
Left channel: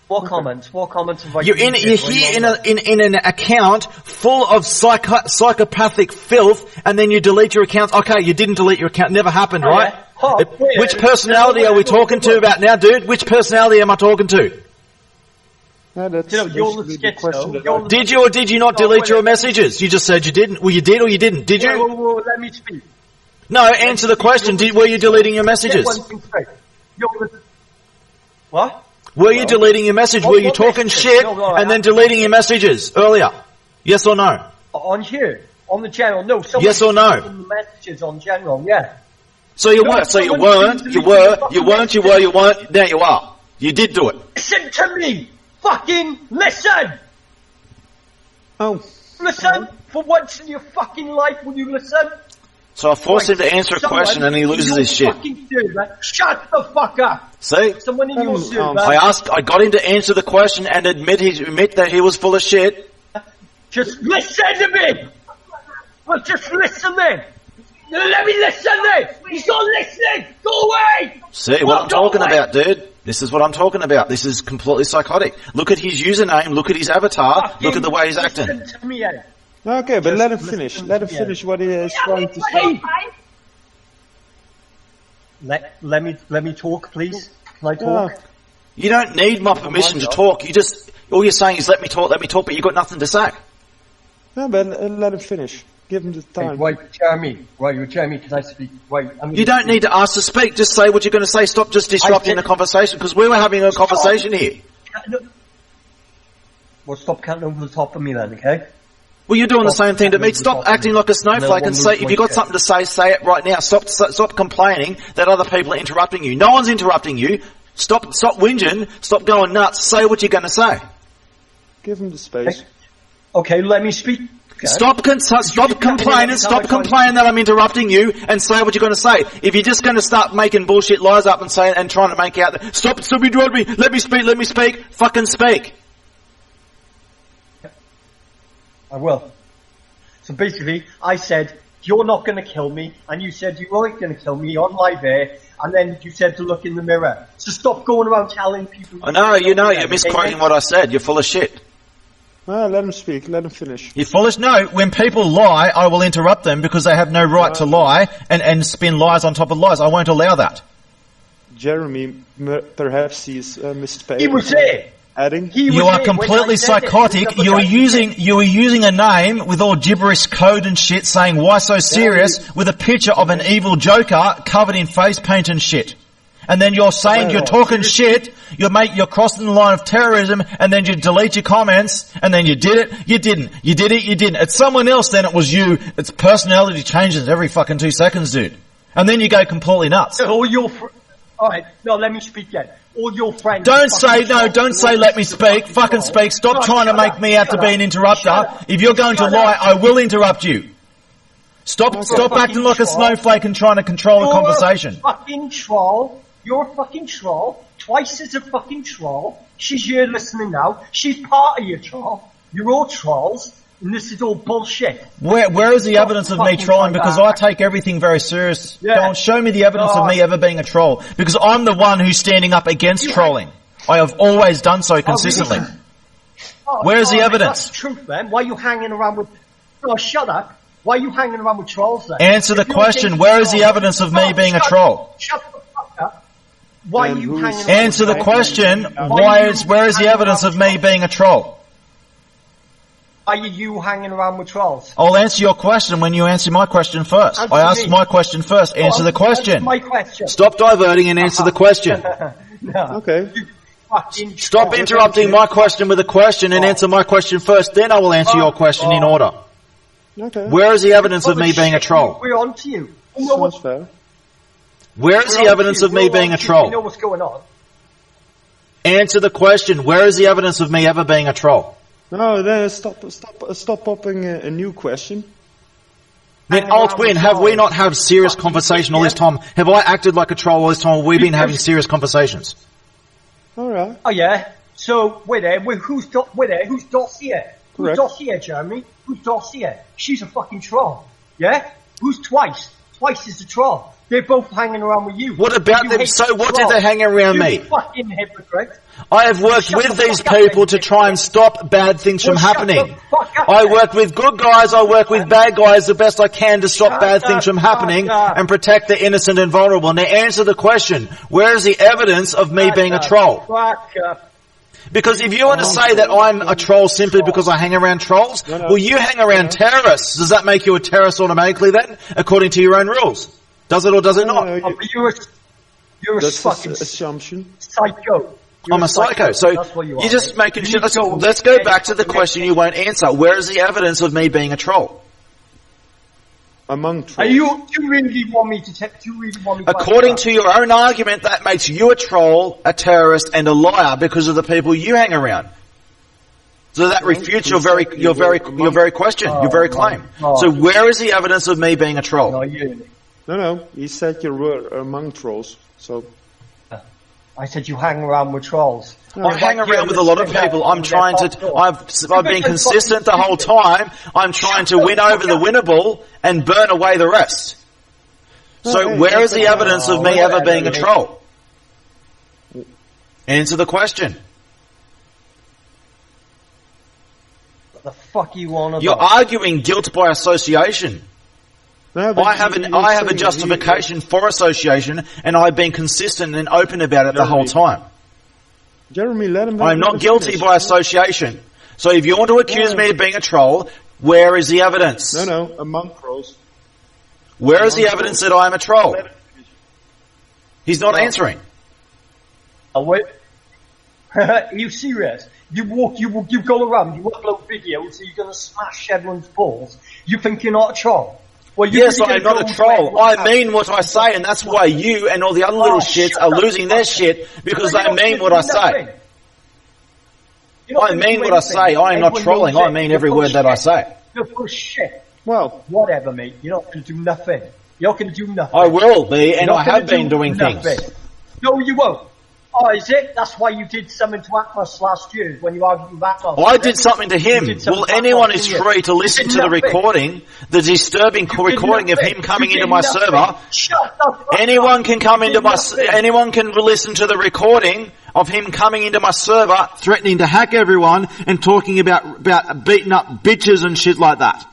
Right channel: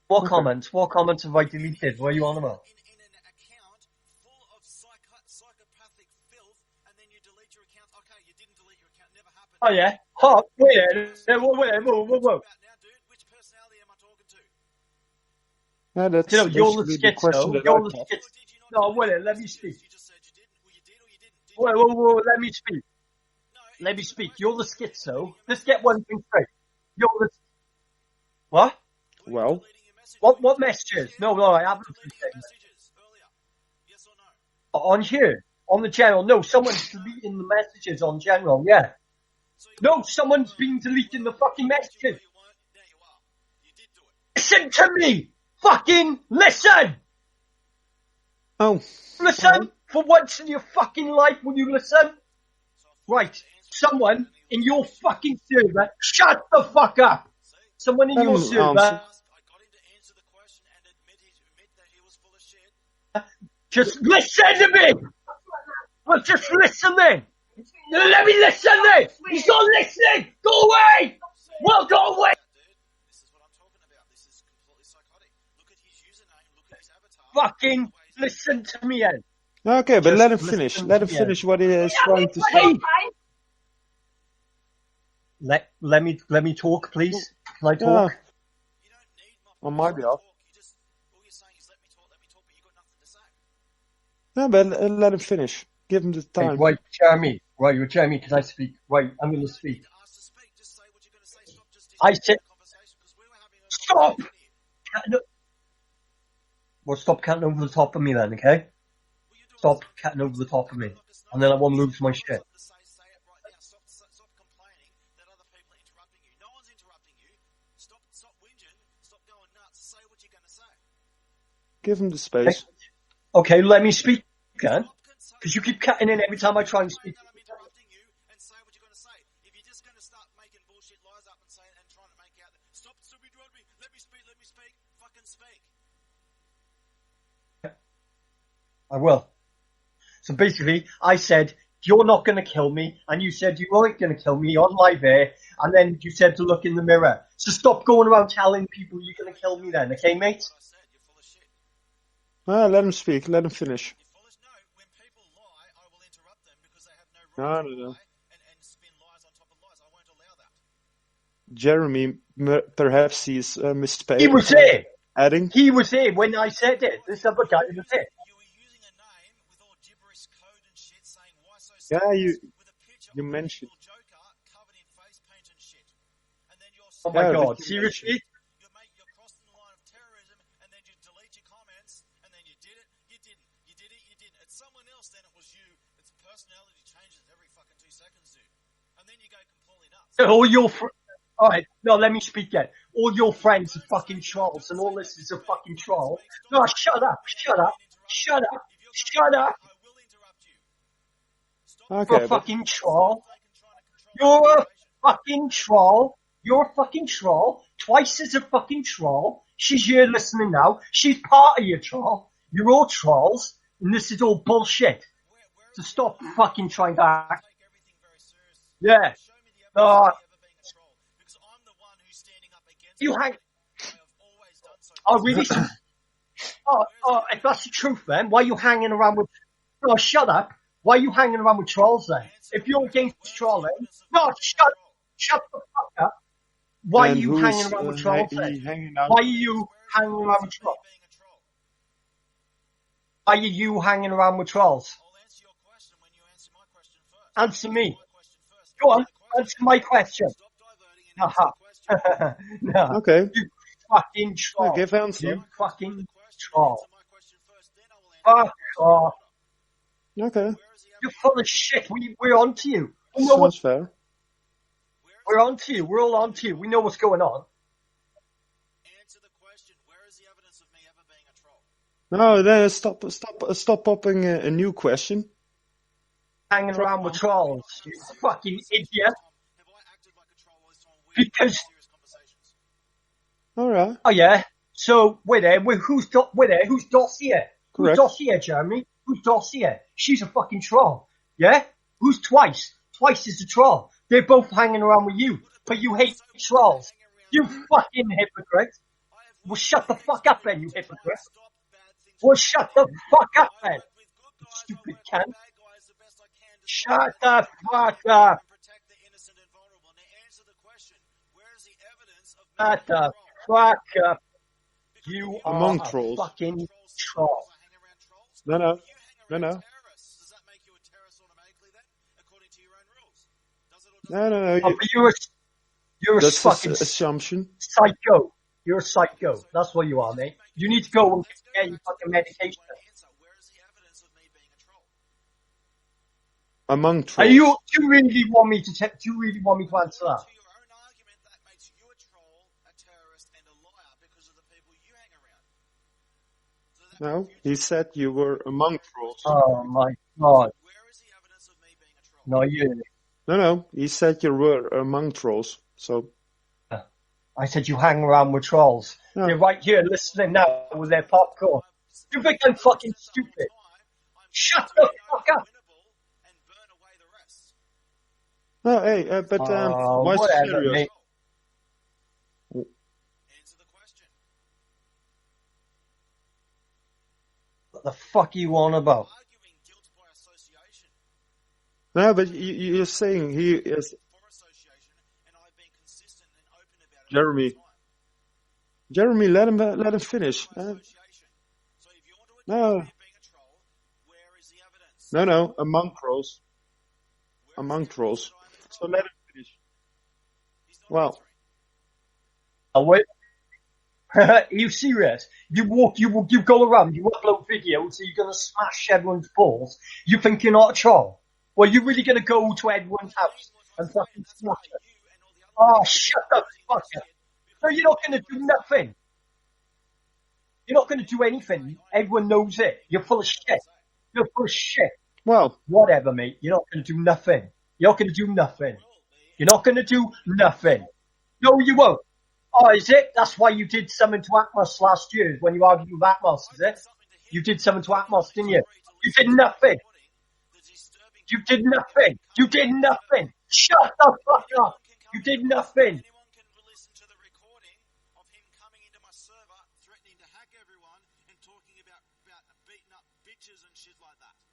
What comments? What comments have I deleted? You're here in an account full of psychopathic filth, and then you delete your account. Okay, you didn't delete your account. Never happened, right? Yeah. Which personality are we talking to about now, dude? Which personality am I talking to? Yeah, that's you're basically the question that I... Did you or did you not delete your messages? You just said you didn't. Well, you did or you didn't. Did you? Whoa, let me speak. No, answer the question. Were you deleting your messages? What? Were you deleting your message? Were you talking shit and then deleting your messages earlier? Yes or no? On here? On the channel? No. Yes or no? The messages on general, yeah. So you weren't. So you weren't. You weren't. Now you are. You did do it. Listen to me! Fucking listen! Oh. Listen! For once in your fucking life, will you listen? So I forced him to answer a question and he loses his shit. Server, shut the fuck up! See? Someone in your server. I got him to answer the question and admit that he was full of shit. Just listen to me! Well, just listen then! Let me listen then! He's not listening! Go away! See what I'm talking about, dude? This is what I'm talking about. This is completely psychotic. Look at his username, look at his avatar, look at the way he's acting. Listen to me, Ed. Okay, but let him finish. Let him finish what he is trying to say. Let me talk, please. Can I talk? You don't need my permission to talk. All you're saying is let me talk, but you've got nothing to say. No, but let him finish. Give him the time. Wait, Jeremy. Right, Jeremy, can I speak? Wait, you don't need to ask to speak. Just say what you're going to say. Stop just disrupting the conversation, because we were having a conversation here. Well, stop counting over the top of me then, okay? Well, you're doing the same thing to me. Stop acting like a snowflake and say, if you've got something to say it right now. Stop complaining that other people are interrupting you. No one's interrupting you. Stop whinging. Stop going nuts. Say what you're going to say. Give him the space. Okay, let me speak. Okay. Stop complaining that I'm interrupting you and say what you're going to say. If you're just going to start making bullshit lies up and trying to make out that, stop interrupting me, let me speak, fucking speak. I will. So basically, I said, you're not going to kill me, and you said you weren't going to kill me on live air, and then you said to look in the mirror. So stop going around telling people... I know, you're misquoting what I said. You're full of shit. Let him speak. Let him finish. You're foolish. No, when people lie, I will interrupt them because they have no right to lie and spin lies on top of lies. I won't allow that. Jeremy, perhaps he's misspoken. He was there. Adding. You are completely psychotic. You are using a name with all gibberish code and shit, saying why so serious with a picture of an evil Joker covered in face paint and shit. And then you're saying you're talking shit, you're crossing the line of terrorism, and then you delete your comments, and then you did it, you didn't. You did it, you didn't. It's someone else, then it was you. It's personality changes every fucking 2 seconds, dude. And then you go completely nuts. Alright, no, let me speak then. All your friends... Don't say let me speak. Fucking speak. Stop trying to make me out to be an interrupter. If you're going to lie, I will interrupt you. Stop acting like a snowflake and trying to control the conversation. You're a fucking troll. Twice as a fucking troll. She's here listening now. She's part of your troll. You're all trolls. And this is all bullshit. Where is the evidence of me trolling? Because I take everything very serious. Yeah. Show me the evidence of me ever being a troll. Because I'm the one who's standing up against trolling. I have always done so consistently. Where is the evidence? That's the truth, man. Why are you hanging around with... Oh, shut up. Why are you hanging around with trolls then? Answer the question. Where is the evidence of me being a troll? Shut the fuck up. Why are you hanging around? Answer the question. Where is the evidence of me being a troll? Why are you hanging around with trolls? I'll answer your question when you answer my question first. I asked my question first. Answer the question. Answer my question. Stop diverting and answer the question. No. Okay. Stop interrupting my question with a question and answer my question first. Then I will answer your question in order. Okay. Where is the evidence of me being a troll? We're on to you. Sounds fair. Where is the evidence of me being a troll? We know what's going on. Answer the question. Where is the evidence of me ever being a troll? No, then stop popping a new question. Altwin, have we not had serious conversation all this time? Have I acted like a troll all this time? We've been having serious conversations. All right. Oh yeah. So we're there. Who's Dossier? Correct. Who's Dossier, Jeremy? Who's Dossier? She's a fucking troll. Yeah. Who's Twice? Twice is the troll. They're both hanging around with you. What about them? So what did they hang around me? You fucking hypocrite. I have worked Shut with the these fuck up, people then, to try and stop bad things from shut happening. the fuck up, I then. work with good guys, I work with bad guys the best I can to stop Shut bad things the from happening fuck up. and protect the innocent and vulnerable. Now answer the question, where is the evidence of me being a troll? Fuck up. Because if you want to say that I'm a troll simply because I hang around trolls, well, you hang around terrorists. Does that make you a terrorist automatically then, according to your own rules? Does it or does it not? You're a That's fucking assumption. psycho. You're I'm a psycho. So that's what you are. you're just mate. making You shit. need to Let's go back to the question you won't answer. Where is the evidence of me being a troll? Among Are trolls. you? Do you really want me to? Do you really want me to? According to your own argument, that makes you a troll, a terrorist, and a liar because of the people you hang around. So that refutes your very question, your very claim. So where is the evidence of me being a troll? No. He said you were among trolls. So I said you hang around with trolls. I hang around with a lot of people. I'm trying to. I've been consistent the whole time. I'm trying to win over the winnable and burn away the rest. So where is the evidence of me ever being a troll? Answer the question. What the fuck are you on about? You're arguing guilt by association. No, but I have a justification for association, and I've been consistent and open about it the whole time. Jeremy, let him. I'm not guilty by association. So if you want to accuse me of being a troll, where is the evidence? No, among trolls. Where is the evidence that I am a troll? He's not No. answering. Oh, wait. Are you serious? You go around, you upload videos, so you're going to smash everyone's balls. You think you're not a troll? Well, you're Yes, really I'm going to not go a troll. everyone's I mean what I say, and that's why you and all the other little shits are losing their shit because they mean what I say. I mean what I say. I am not trolling. I mean every word that I say. You're full of shit. Well, whatever, mate. You're not going to do nothing. You're not going to do nothing. I will be, and I have been doing things. No, you won't. Oh, is it? That's why you did something to Atlas last year when you argued with Atlas. I did something to him. Well, anyone is free to listen to the recording, the disturbing recording of him coming into my server. Shut up. Anyone can come into my. Anyone can listen to the recording of him coming into my server, threatening to hack everyone and talking about beating up bitches and shit like that.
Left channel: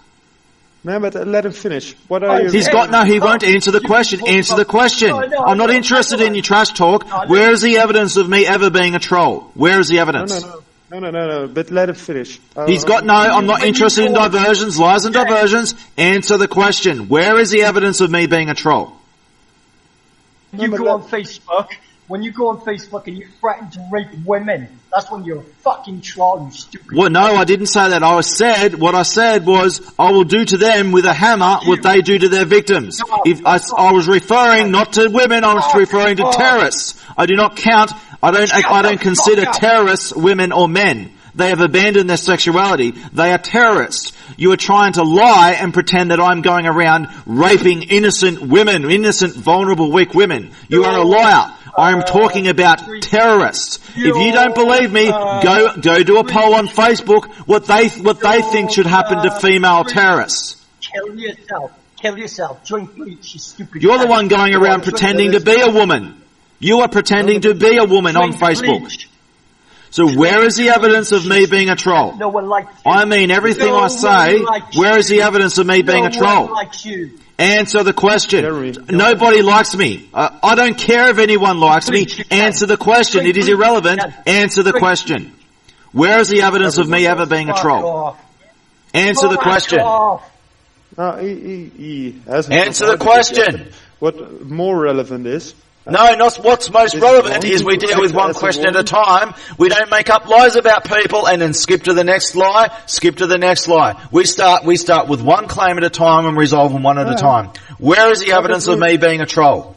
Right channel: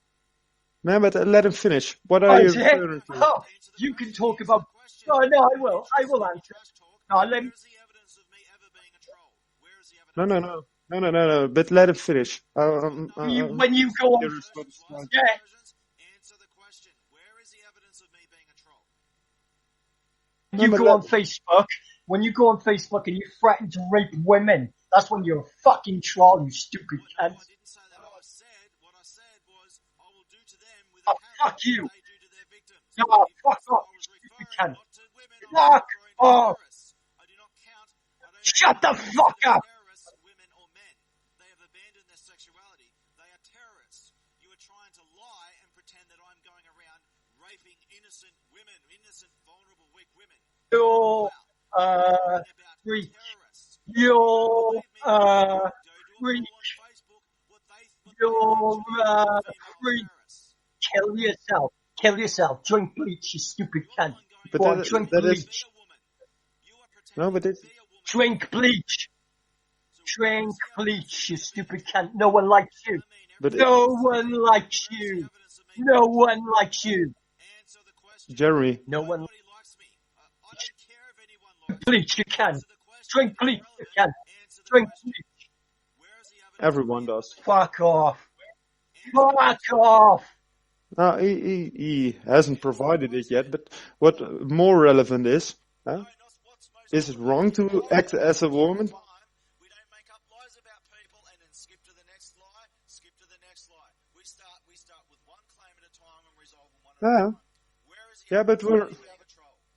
No, but let him finish. What are you? He won't answer the question. Answer the question. I'm not interested in your trash talk. Where is the evidence of me ever being a troll? Where is the evidence? No. But let him finish. I'm not interested in diversions, lies and diversions. Answer the question. Where is the evidence of me being a troll? You go on Facebook. When you go on Facebook and you threaten to rape women, that's when you're a fucking troll, you stupid. Well, no, I didn't say that. What I said was, I will do to them with a hammer what they do to their victims. I was referring not to women, I was referring to terrorists. I do not count, I don't consider terrorists women or men. They have abandoned their sexuality. They are terrorists. You are trying to lie and pretend that I'm going around raping innocent women, innocent, vulnerable, weak women. You are a liar. I am talking about terrorists. If you don't believe me, go do a poll on Facebook what they think should happen to female terrorists. Kill yourself. Drink bleach, you stupid. You're the one going around pretending to be a woman. You are pretending to be a woman on Facebook. So where is the evidence of me being a troll? No one likes you. I mean everything I say. Where is the evidence of me being a troll? No one likes you. Answer the question. Nobody likes me. I don't care if anyone likes me. Answer the question. It is irrelevant. Answer the question. Where is the evidence of me ever being a troll? Answer the question. He hasn't. Answer the question. What more relevant is? No, not what's most relevant is we deal with one question at a time. We don't make up lies about people and then skip to the next lie, skip to the next lie. We start with one claim at a time and resolve them one at a time. Where is the evidence of me being a troll?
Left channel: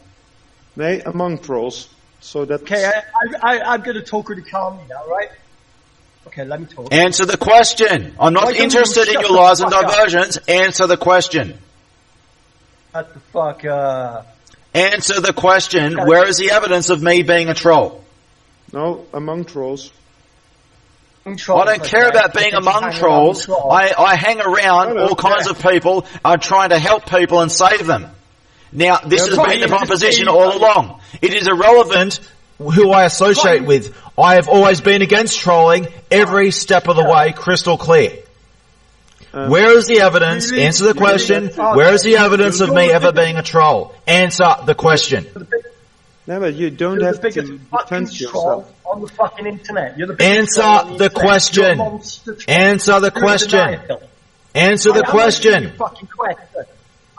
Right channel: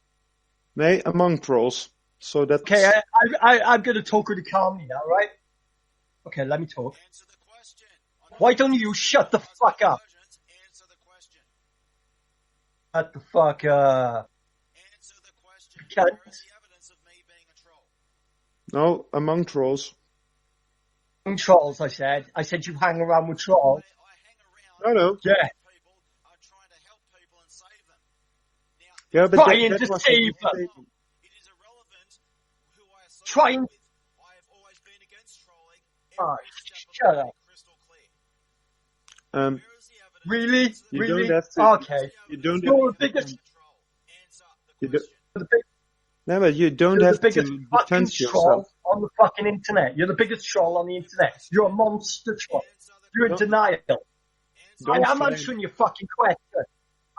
Nee, among trolls. So that. Okay, I'm going to talk really calmly now, right? Okay, let me talk. Answer the question. I'm not interested in your lies and diversions. Answer the question. Shut the fuck up. Answer the question. Where is the evidence of me being a troll? No, among trolls. I don't care about being among trolls. I hang around all kinds of people. I'm trying to help people and save them. Now, this has been the proposition all along. It is irrelevant who I associate with. I have always been against trolling every step of the way, crystal clear. Where is the evidence? Really? Answer the question. Where is the evidence of me ever being a troll? Answer the question. No, but you don't You're have the to biggest fucking defend troll yourself. on the fucking internet. You're the biggest troll on Answer the the internet. question. You're a monster troll. Answer the You're a question. denial. Answer the I am answering question. your fucking question.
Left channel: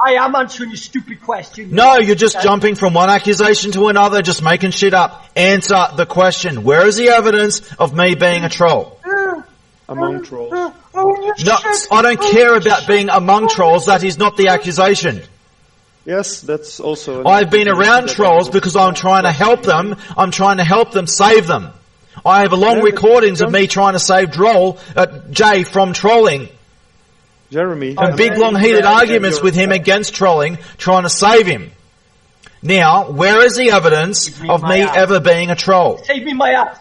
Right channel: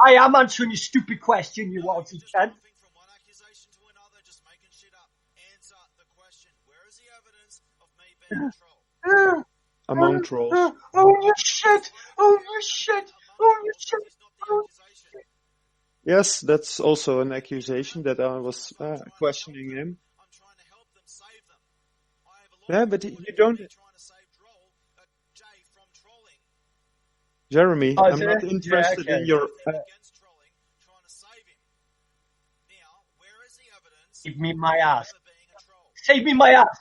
I am answering your stupid question. No, you're just jumping from one accusation to another, just making shit up. Answer the question. Where is the evidence of me being a troll? Among trolls. No, I don't care about being among trolls. That is not the accusation. Yes, that's also. I've been around trolls because I'm trying to help them. I'm trying to help them, save them. I have long No, but recordings of don't- me trying to save Jay from trolling. Jeremy. Big long heated arguments with him against trolling, trying to save him. Now, where is the evidence Give me of my me ass. ever being a troll? Save me my ass.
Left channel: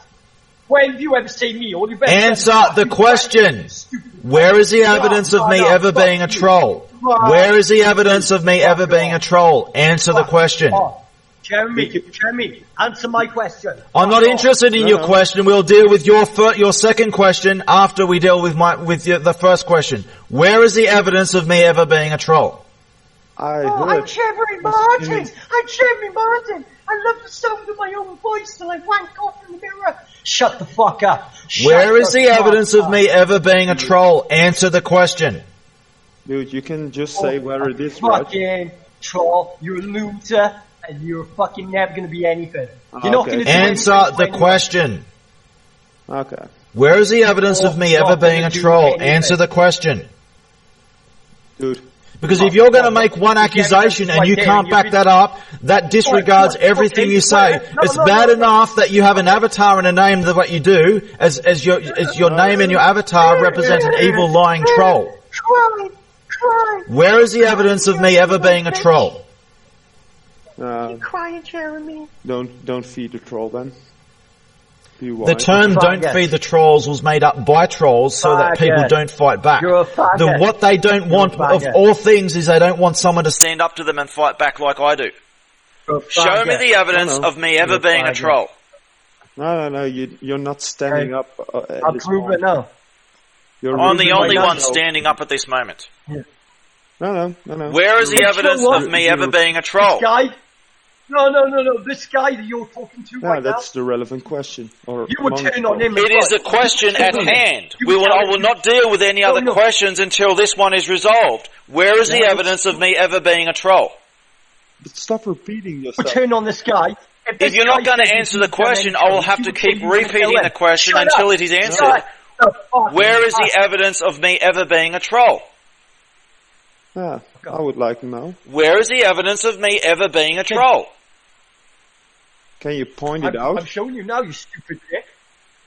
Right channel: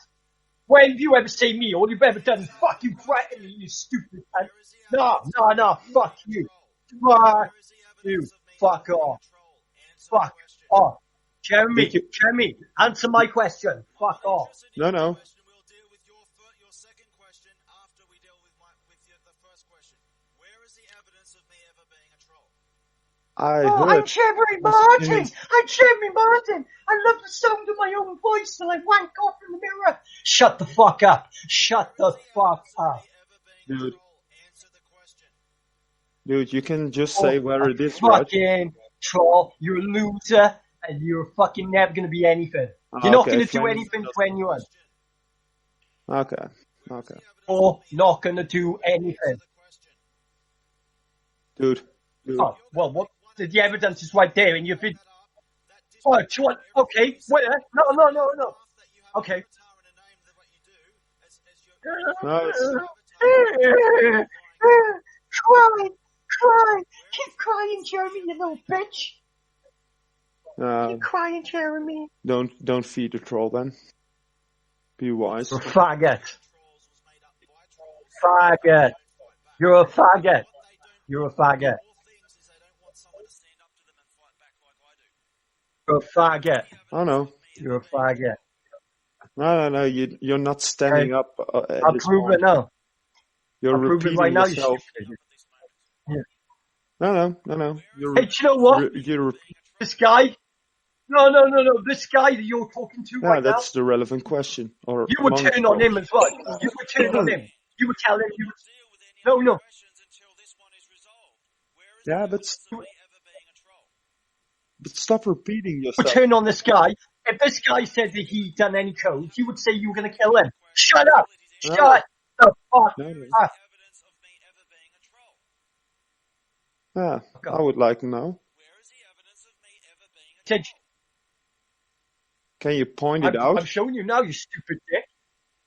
When have you ever seen me? All you've ever done is Answer the fucking question. threaten, you stupid Where is the No, evidence no, of me no, ever fuck being a you. troll? Fuck Where is the evidence of me Fuck ever being a off. troll? Answer the Fuck question. off. Jeremy, answer my question. I'm not Fuck off. interested in No, your no. question. We'll deal with your second question after we deal with the first question. Where is the evidence of me ever being a troll? I I'm heard. Jeremy Martin. I'm Jeremy Martin. I love the sound of my own voice and I wank off in the mirror. Shut the fuck up. Where is the evidence of me ever being a troll? Answer the question. Dude, you can just say whether it is right. Fucking troll. You're a loser and you're fucking never going to be anything. You're not Okay. going to do Answer anything for the anyone. question. Okay. Where is the evidence of me Not ever gonna being a do troll? anything. Answer the question. Dude. Because if you're going to Well, make one if the evidence accusation is and you right there can't and you've back been- that up, that disregards Right, everything okay, you say. wait, no, It's no, bad no, enough that you have an avatar and a name that what you do, as your name and your avatar represents an evil lying troll. Cry. Where is the evidence of me ever being a troll? Crying, Jeremy. Don't feed the troll then. Be The wise. term Faggot. "don't feed the trolls" was made up by trolls so that people Faggot. don't fight back. You're a faggot. What they don't You're a want of faggot. all things is they don't want someone to stand up to them and fight back like I do. You're a Show me faggot. the evidence no. of me ever You're a being a faggot. troll. No. You're not standing up. At I'll this prove moment. it now. You're I'm the proving only right one now. standing up at this moment. No. Where is the Hey, evidence you know what? of me ever being a troll? This guy? No. This guy that you're talking to No, right now. that's the relevant question. Or You would among turn on him trolls. as It is well. a question You at would tell him. hand. You would I tell will him. not deal with any No, other no. questions until this one is resolved. Where is the Yeah, evidence of me ever being a troll? But stop repeating You would yourself. turn on this guy. If you're not going to answer the question, I will have to keep repeating the question until it is answered. Shut the fuck Where is up. the evidence of me ever being a troll? Yeah, I would like to know. Where is the evidence of me ever being a troll? Can you point it I'm out? showing you now, you stupid dick.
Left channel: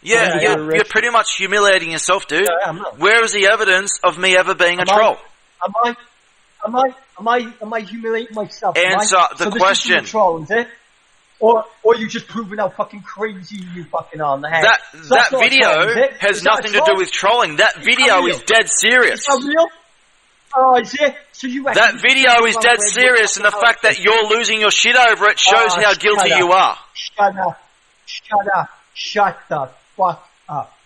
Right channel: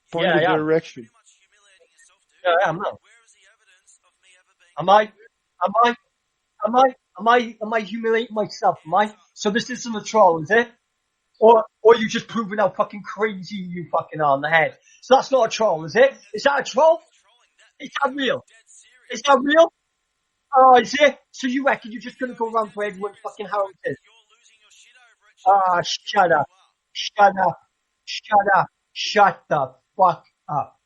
Yeah, Yeah, you're Richard. pretty much humiliating yourself, dude. Yeah, I am, no. Where is the evidence of me ever being a Am I- troll? Am I humiliating myself? Am I? Answer the so this question. isn't a troll, is it? Or you just proving how fucking crazy you fucking are in the head. That So that's not a video troll, is it? has Is that a nothing to troll? do with trolling. That video real? is dead serious. Is that real? Oh, is it? So you reckon That you just video go is around dead wearing serious, and the fucking fact that outfits? you're losing your shit over it shows how shut guilty up. you are. Shut up. Shut the fuck up.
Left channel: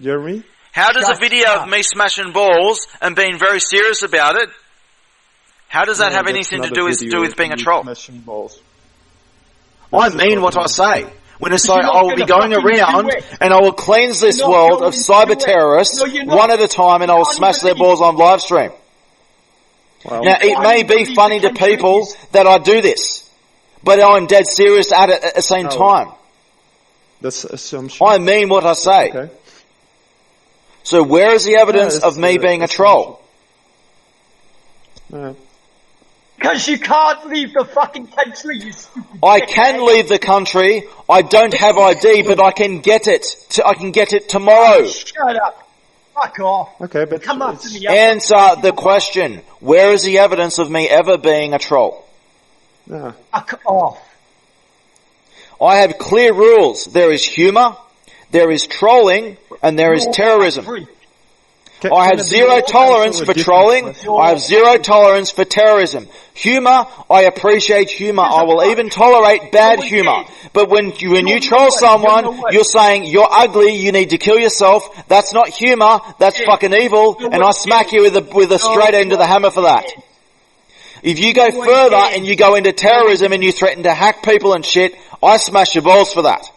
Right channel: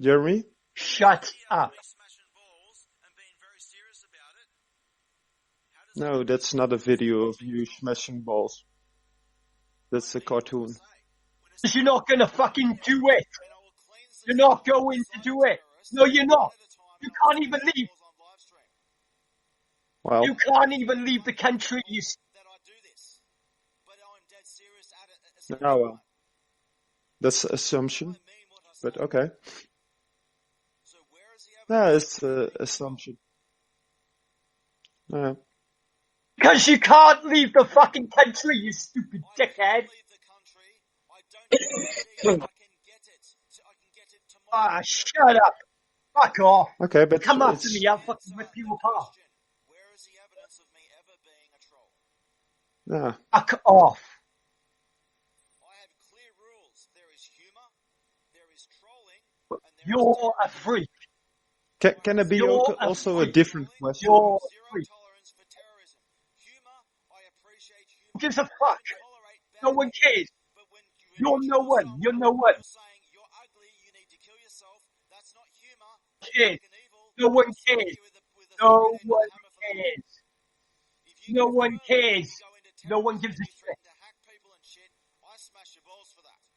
Jeremy? How does Shut a video up. of me smashing balls and being very serious about it, how does that No, have that's anything not to do video with of being a you troll? smashing balls. I That's a mean what I cartoon. say. When I say you're not I will be gonna going fucking do around it. and I will cleanse this You're not world going of to cyber do it. terrorists No, you're not. one at a time, and I will You can't smash even their leave. balls on live stream. Well, Now, it can't may even be leave funny the to country. people that I do this, but I'm dead serious at it at the same No. time. that's assumption. I mean what I say. Okay. So where is the evidence it's, of me being a troll? Because you can't leave the fucking country, you stupid I dickhead. can leave the country. I don't have ID, but I can get it. I can get it tomorrow. Shut up. Fuck off. Okay, but Come after it's- me. I'll Answer fucking the you up. question. Where is the evidence of me ever being a troll? Yeah. Fuck off. I have clear rules. There is humour, there is trolling, and there is You're a terrorism. freak. I have zero tolerance for trolling. I have zero tolerance for terrorism. Humour, I appreciate humour. I will even tolerate bad humour. But when you troll someone, you're saying, you're ugly, you need to kill yourself. That's not humour, that's fucking evil, and I smack you with a straight end of the hammer for that. If you go further and you go into terrorism and you threaten to hack people and shit, I smash your balls for that.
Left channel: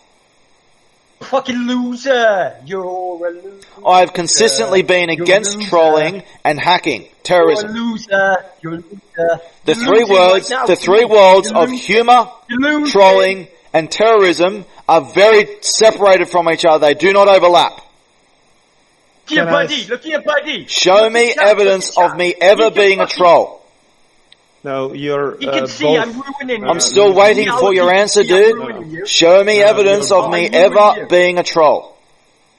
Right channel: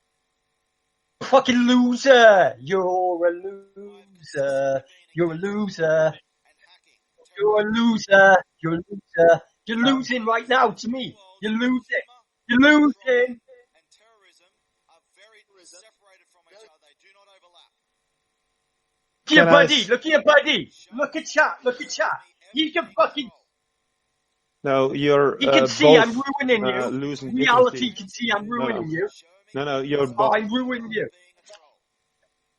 Fucking loser! You're a loser. I've consistently been against trolling and hacking, terrorism. You're a loser. You're a loser. The three worlds of humour, trolling, and terrorism are very separated from each other. They do not overlap. Look at your buddy. Show me evidence of me ever being a troll. No, you're. You can see both, I'm ruining you. I'm still waiting for your answer, dude. Show me evidence of me ever being a troll.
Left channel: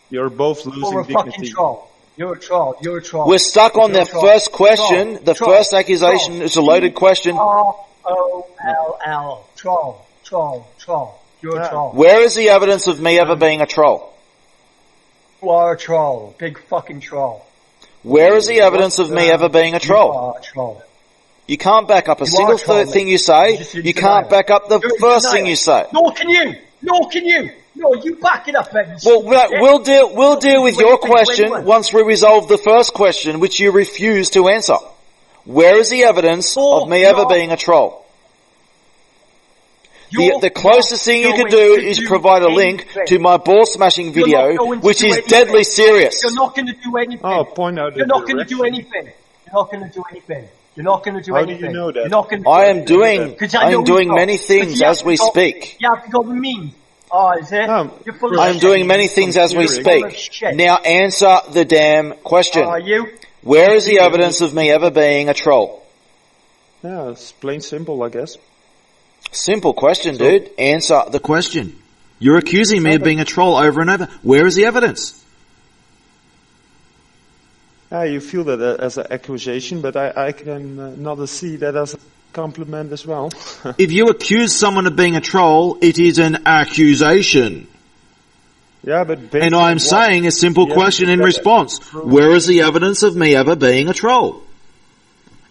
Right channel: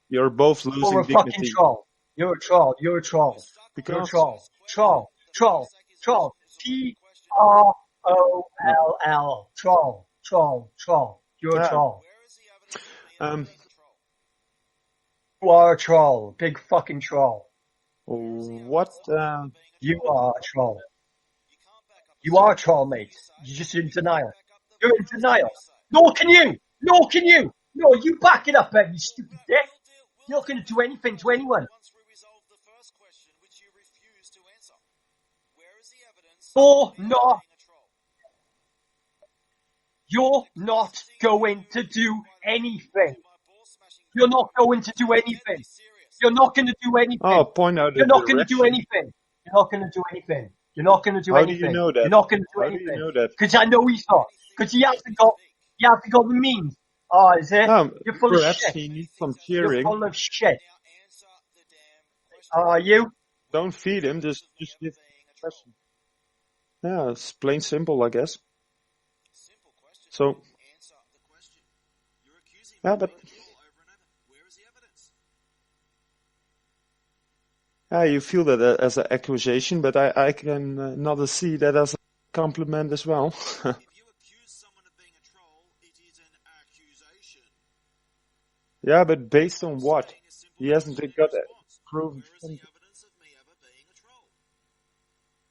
You're both losing You're a dignity. fucking troll. You're a troll. You're a troll. We're stuck on the first question. The first accusation is a loaded question. Troll. Troll. You're a troll. Where is the evidence of me ever being a troll? You are a troll. Big fucking troll. Where is the evidence of me ever being a troll? You are a troll. You can't back up a single thing you say. You can't back up the first thing you say. Nor can you. No, you back it up, Eddie. Well, we'll deal with your question once we resolve the first question, which you refuse to answer. Where is the evidence of me ever being a troll? The closest thing you can do is provide a link to my ball smashing video, which is deadly serious. You're not going to do anything. Oh, point out. You're not going to do anything. You're not going to do anything. You're not going to do anything. How do you know that? You're not going to do I am anything. doing many things as we speak. You have to go the means. Oh, is it? You're full of I'm shit. doing many things as we speak. Now answer the damn question. Are you? Where is the evidence of me ever being a troll? Yeah, it's plain simple, I guess. Simple question, dude. Answer the question. You're accusing me of being a troll over and over. Where is the evidence? You feel that as an accusation, but I can not see that as a compliment as well. If you accuse someone of being a troll, it is an accusation. Yeah, but based and I'm saying a simple question in response. Where is the evidence of me ever being a troll?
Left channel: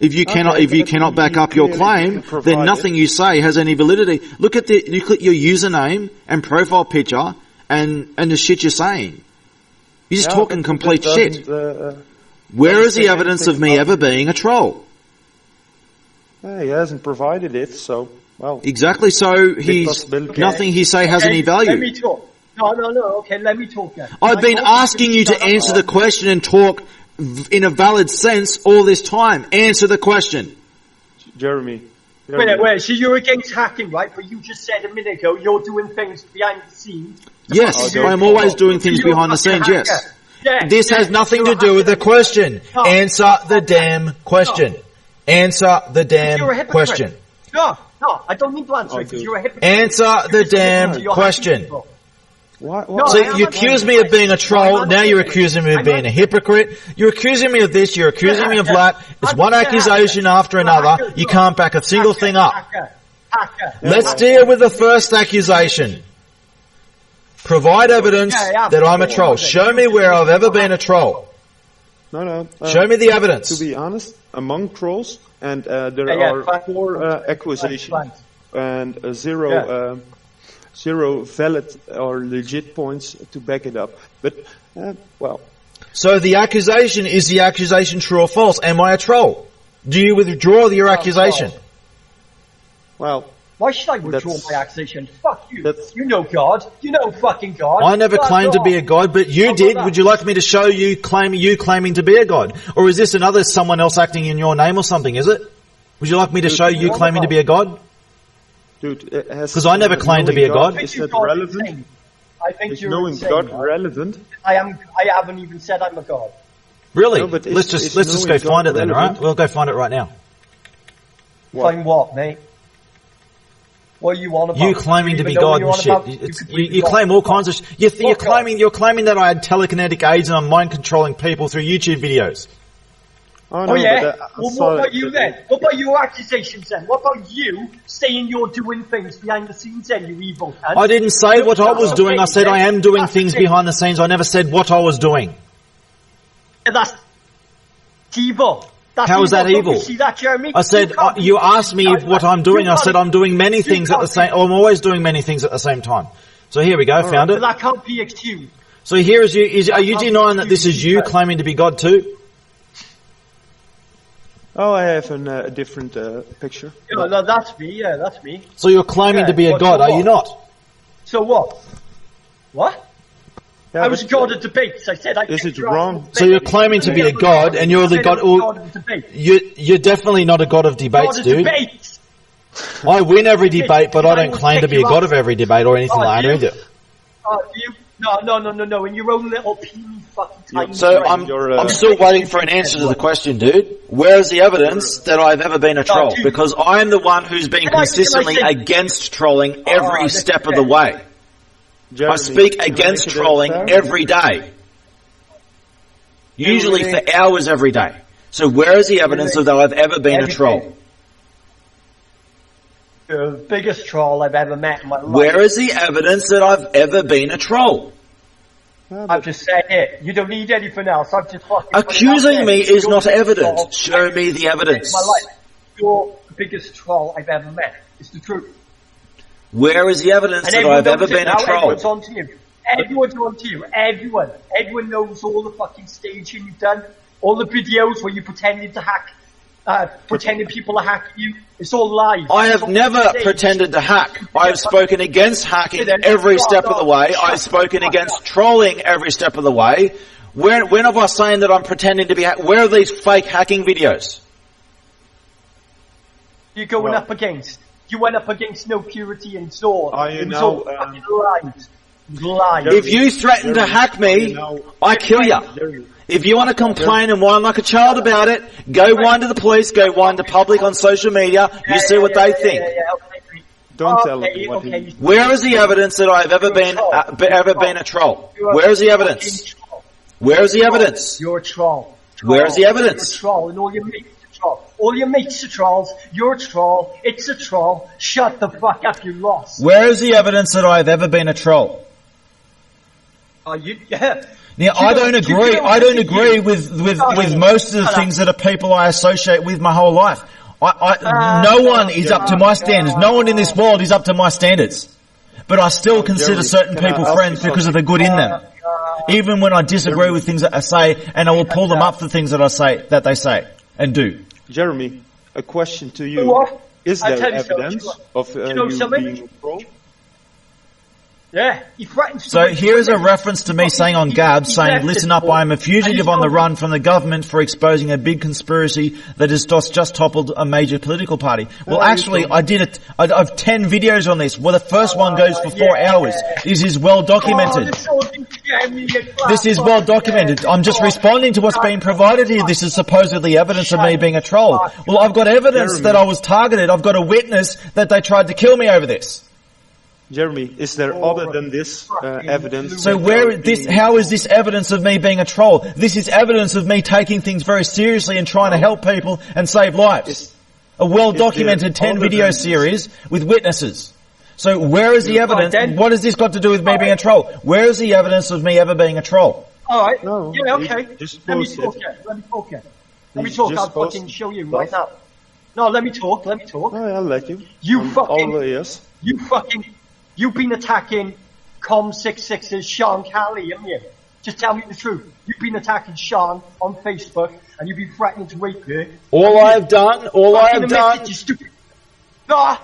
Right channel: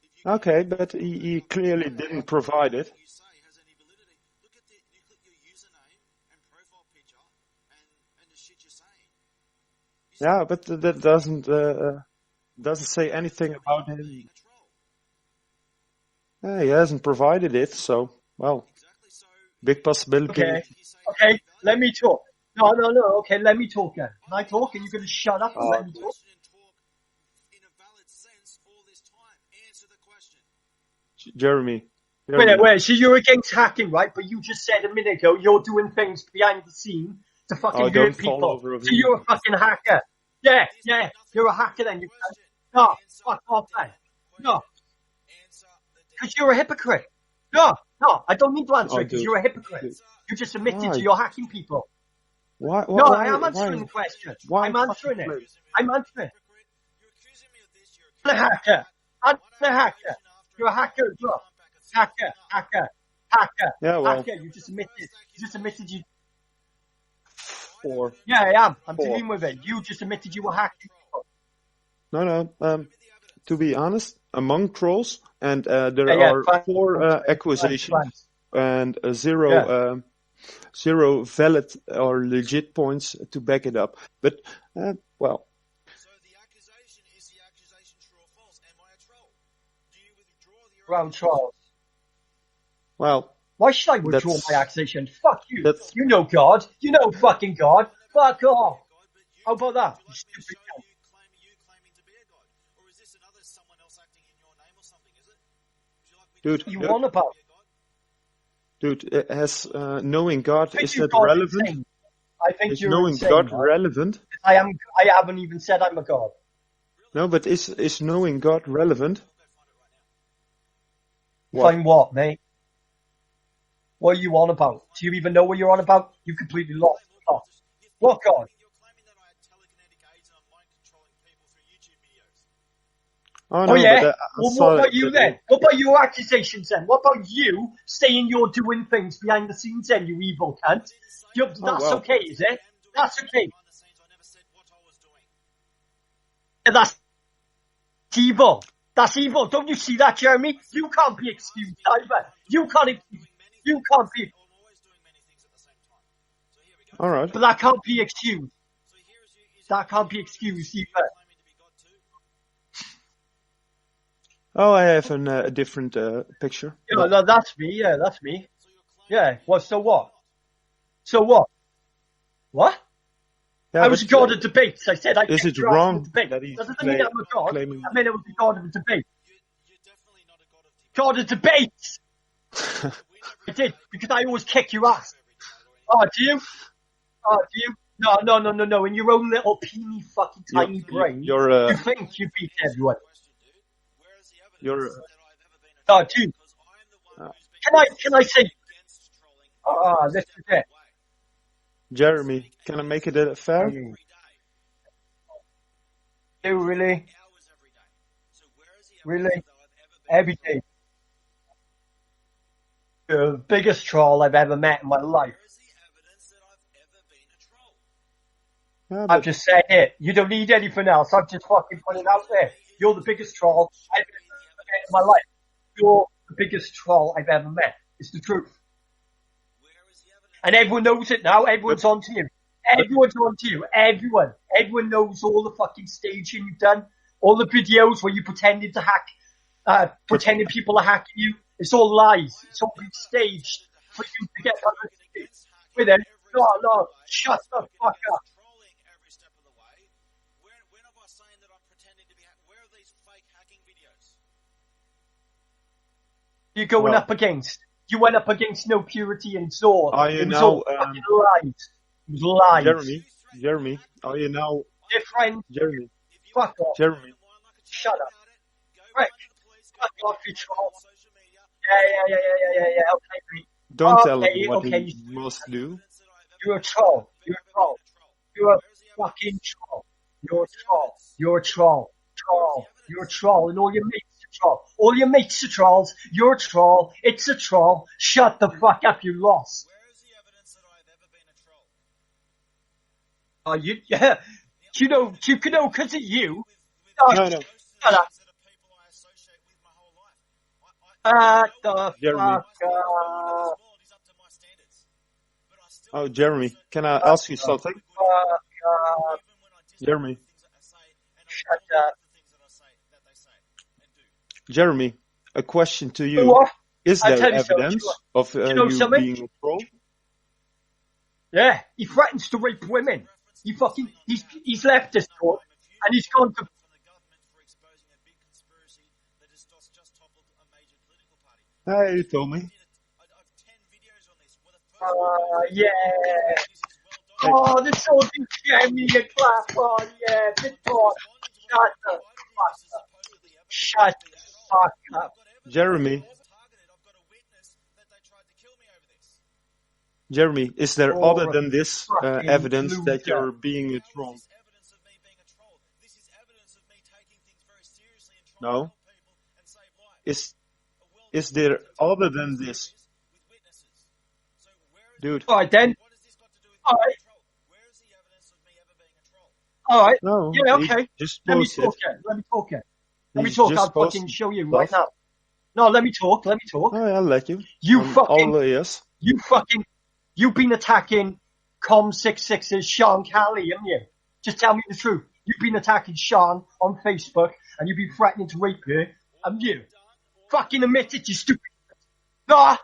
If you cannot back up your claim, then nothing you say has any validity. Look at your username and profile picture and the shit you're saying. You're just talking complete shit. Where is the evidence of me ever being a troll? He hasn't provided it, so, well. Exactly, so nothing he say has any value. Let me talk. No, okay, let me talk then. I've been asking you to answer the question and talk in a valid sense all this time. Answer the question. Jeremy. Wait, so you're against hacking, right? But you just said a minute ago you're doing things behind the scenes. Yes, I'm always doing things behind the scenes, yes. This has nothing to do with the question. Answer the damn question. Answer the damn question. No, I don't need to answer it because you're a hypocrite. Answer the damn question. So you accuse me of being a troll, now you're accusing me of being a hypocrite. You're accusing me of this, you're accusing me of that. It's one accusation after another. You can't back a single thing up. Let's deal with the first accusation. Provide evidence that I'm a troll. Show me where I've ever been a troll. No. Show me the evidence. To be honest, among trolls, and there are 4 accusations and zero valid or legit points to back it up. But, well. So the accusation, is the accusation true or false? Am I a troll? Do you withdraw your accusation? Well. Why should I withdraw my accusation? Fuck you. You know God. You know fucking God. I never claimed to be a god, but you did. Would you like me to show you claiming to be a god? Or is this someone else acting in your name or something, is it? Would you like me to show you claiming to be a god? Dude, because I never claimed to be a god. Is that relevant? I think you're knowing insane, God relevant? I haven't even said I'm a god. Really? No, but let's just go find it then, right? We'll go find it right now. Find what, mate? What are you on about? You claiming to be God and shit. You claim all kinds of shit. You're claiming that I had telekinetic aids and I'm mind controlling people through YouTube videos. Oh yeah? Well, what about you then? What about your accusations then? What about you saying you're doing things behind the scenes then, you evil cunt? I didn't say what I was doing. I said I am doing things behind the scenes. I never said what I was doing. That's It's evil. That's How is that Don't evil? you see that, Jeremy? I said, you asked me what I'm doing. I said I'm doing many things at the same. I'm always doing many things at the same time. So here we go. Found But it. that can't be excused. So here is you. Are you can't be denying that this is excused, you but- claiming to be God too? Oh, I have a different picture. Yeah, no, that's me. Yeah, that's me. So you're claiming Yeah, to be a well, so God, are you what? not? So what? What? Yeah, I was a but, god at debates. I said I. Is can't it draw wrong? a So you're debate. claiming to be a God, and you're the I said I God. was a god of debate. You're definitely not a God of debates, God of dude. debates. I win every debate, but Because I I don't will claim to kick be a you God off. of every debate or anything Oh, like do that you? either. Oh, do you? No. In your own little puny fucking tiny So brain. I'm still waiting for an answer to the question, dude. Where's the evidence that I've ever been a troll? dude. Because I'm the one who's been Can I consistently say- against trolling every this step is of the it. way. Jeremy, I speak can I against make it a trolling fair? every day. Usually really? for hours every day. So where is the evidence Really? that I've ever been Every a troll? day. The biggest troll I've ever met in my life. Where is the evidence that I've ever been a troll? Yeah, I've but just said it. You don't need anything else. I've just fucking put it out Accusing there. me is You're not the biggest evidence. troll Show I've me the ever met evidence. in my life. You're the biggest troll I've ever met. It's the truth. Where is the evidence And that everyone I've ever knows it been a now. troll? Everyone's on to you. Everyone's on to you. Everyone. Everyone knows all the fucking staging you've done. All the videos where you pretended to hack, pretending people are hacking you. It's all lies. I It's have all never staged. pretended to hack. I have spoken against hacking Then every shut step of the up. way. Shut I've spoken the fuck against up. trolling every step of the way. When have I saying that I'm pretending to be where are these fake hacking videos? You're going Well- up against. You went up against No Purity and Zor. Are you It was now, all fucking lies. Lies. Jeremy, If you threaten to Jeremy, hack are me, you now- I kill you. Jeremy, If you want to complain and whine like a child about it, go whine to the police, go whine to public on social media, you see what they think. Okay. don't tell Okay, him what okay, he... you- Where is the evidence that I've ever You're a been troll. ever been a troll? You're a Where is the fucking evidence? troll. Where is the You're a troll. evidence? You're a troll. Where's the evidence? You're a troll, and all your mates are trolls. All your mates are trolls. You're a troll. It's a troll. Shut the fuck up. You lost. Where is the evidence that I've ever been a troll? Oh, you? Yeah. Now, You I don't you agree. I don't listen to agree you. with No, most of the shut up. things that are people I associate with my whole life. No no, one is up to my no, standards. No one in this world is up to my standards. But I still Oh, consider Jeremy, certain can I people ask friends you because of the something? good in them. Even when I disagree Jeremy. with things that I say, and I will pull them up for things that I say that they say and do. Jeremy, a question to you. What? Is I'll there tell you something, evidence sure. of You know you something? being a troll? Yeah, he threatens to So win here's a women. reference to me He- saying on he- Gab, he's saying, left listen this up, board, I am a and fugitive he's on the gone- run from the government for exposing a big conspiracy that has just toppled a major political party. Well, you actually, told I did it. I've 10 videos on this. Well, the first one goes for 4 yeah. hours. This is well Oh, documented. this all you scare me, you This is well documented. yeah, I'm just oh, responding to what's shut being provided here. This is supposedly evidence of Shut me being a troll. fuck Well, I've got evidence Jeremy. that I was targeted. I've got a witness that they tried to kill me over this. Jeremy, is there other than this evidence? So that where you're this? being How a is this evidence of me being a troll? This is evidence of me taking things very seriously and trying to help people and save lives. Is- A well-documented there 10 other video than this? series with witnesses. So where is the Yeah. evidence? then- What has this got to do with me being a troll? Where is the evidence of me ever being a troll? All right. No, yeah, okay. just Let me bullshit. talk here. Let me talk here. Let me He's talk. just I'll fucking bullshit. show you right now. No, let me talk. Let me talk. Oh, I'll let you. You I'm fucking- all ears. You've been attacking Com66's Sean Kelly, haven't you? Just tell me the truth. You've been attacking Sean on Facebook, and you've been threatening to rape her. All haven't you? I've done, Fucking admit it, you stupid. No,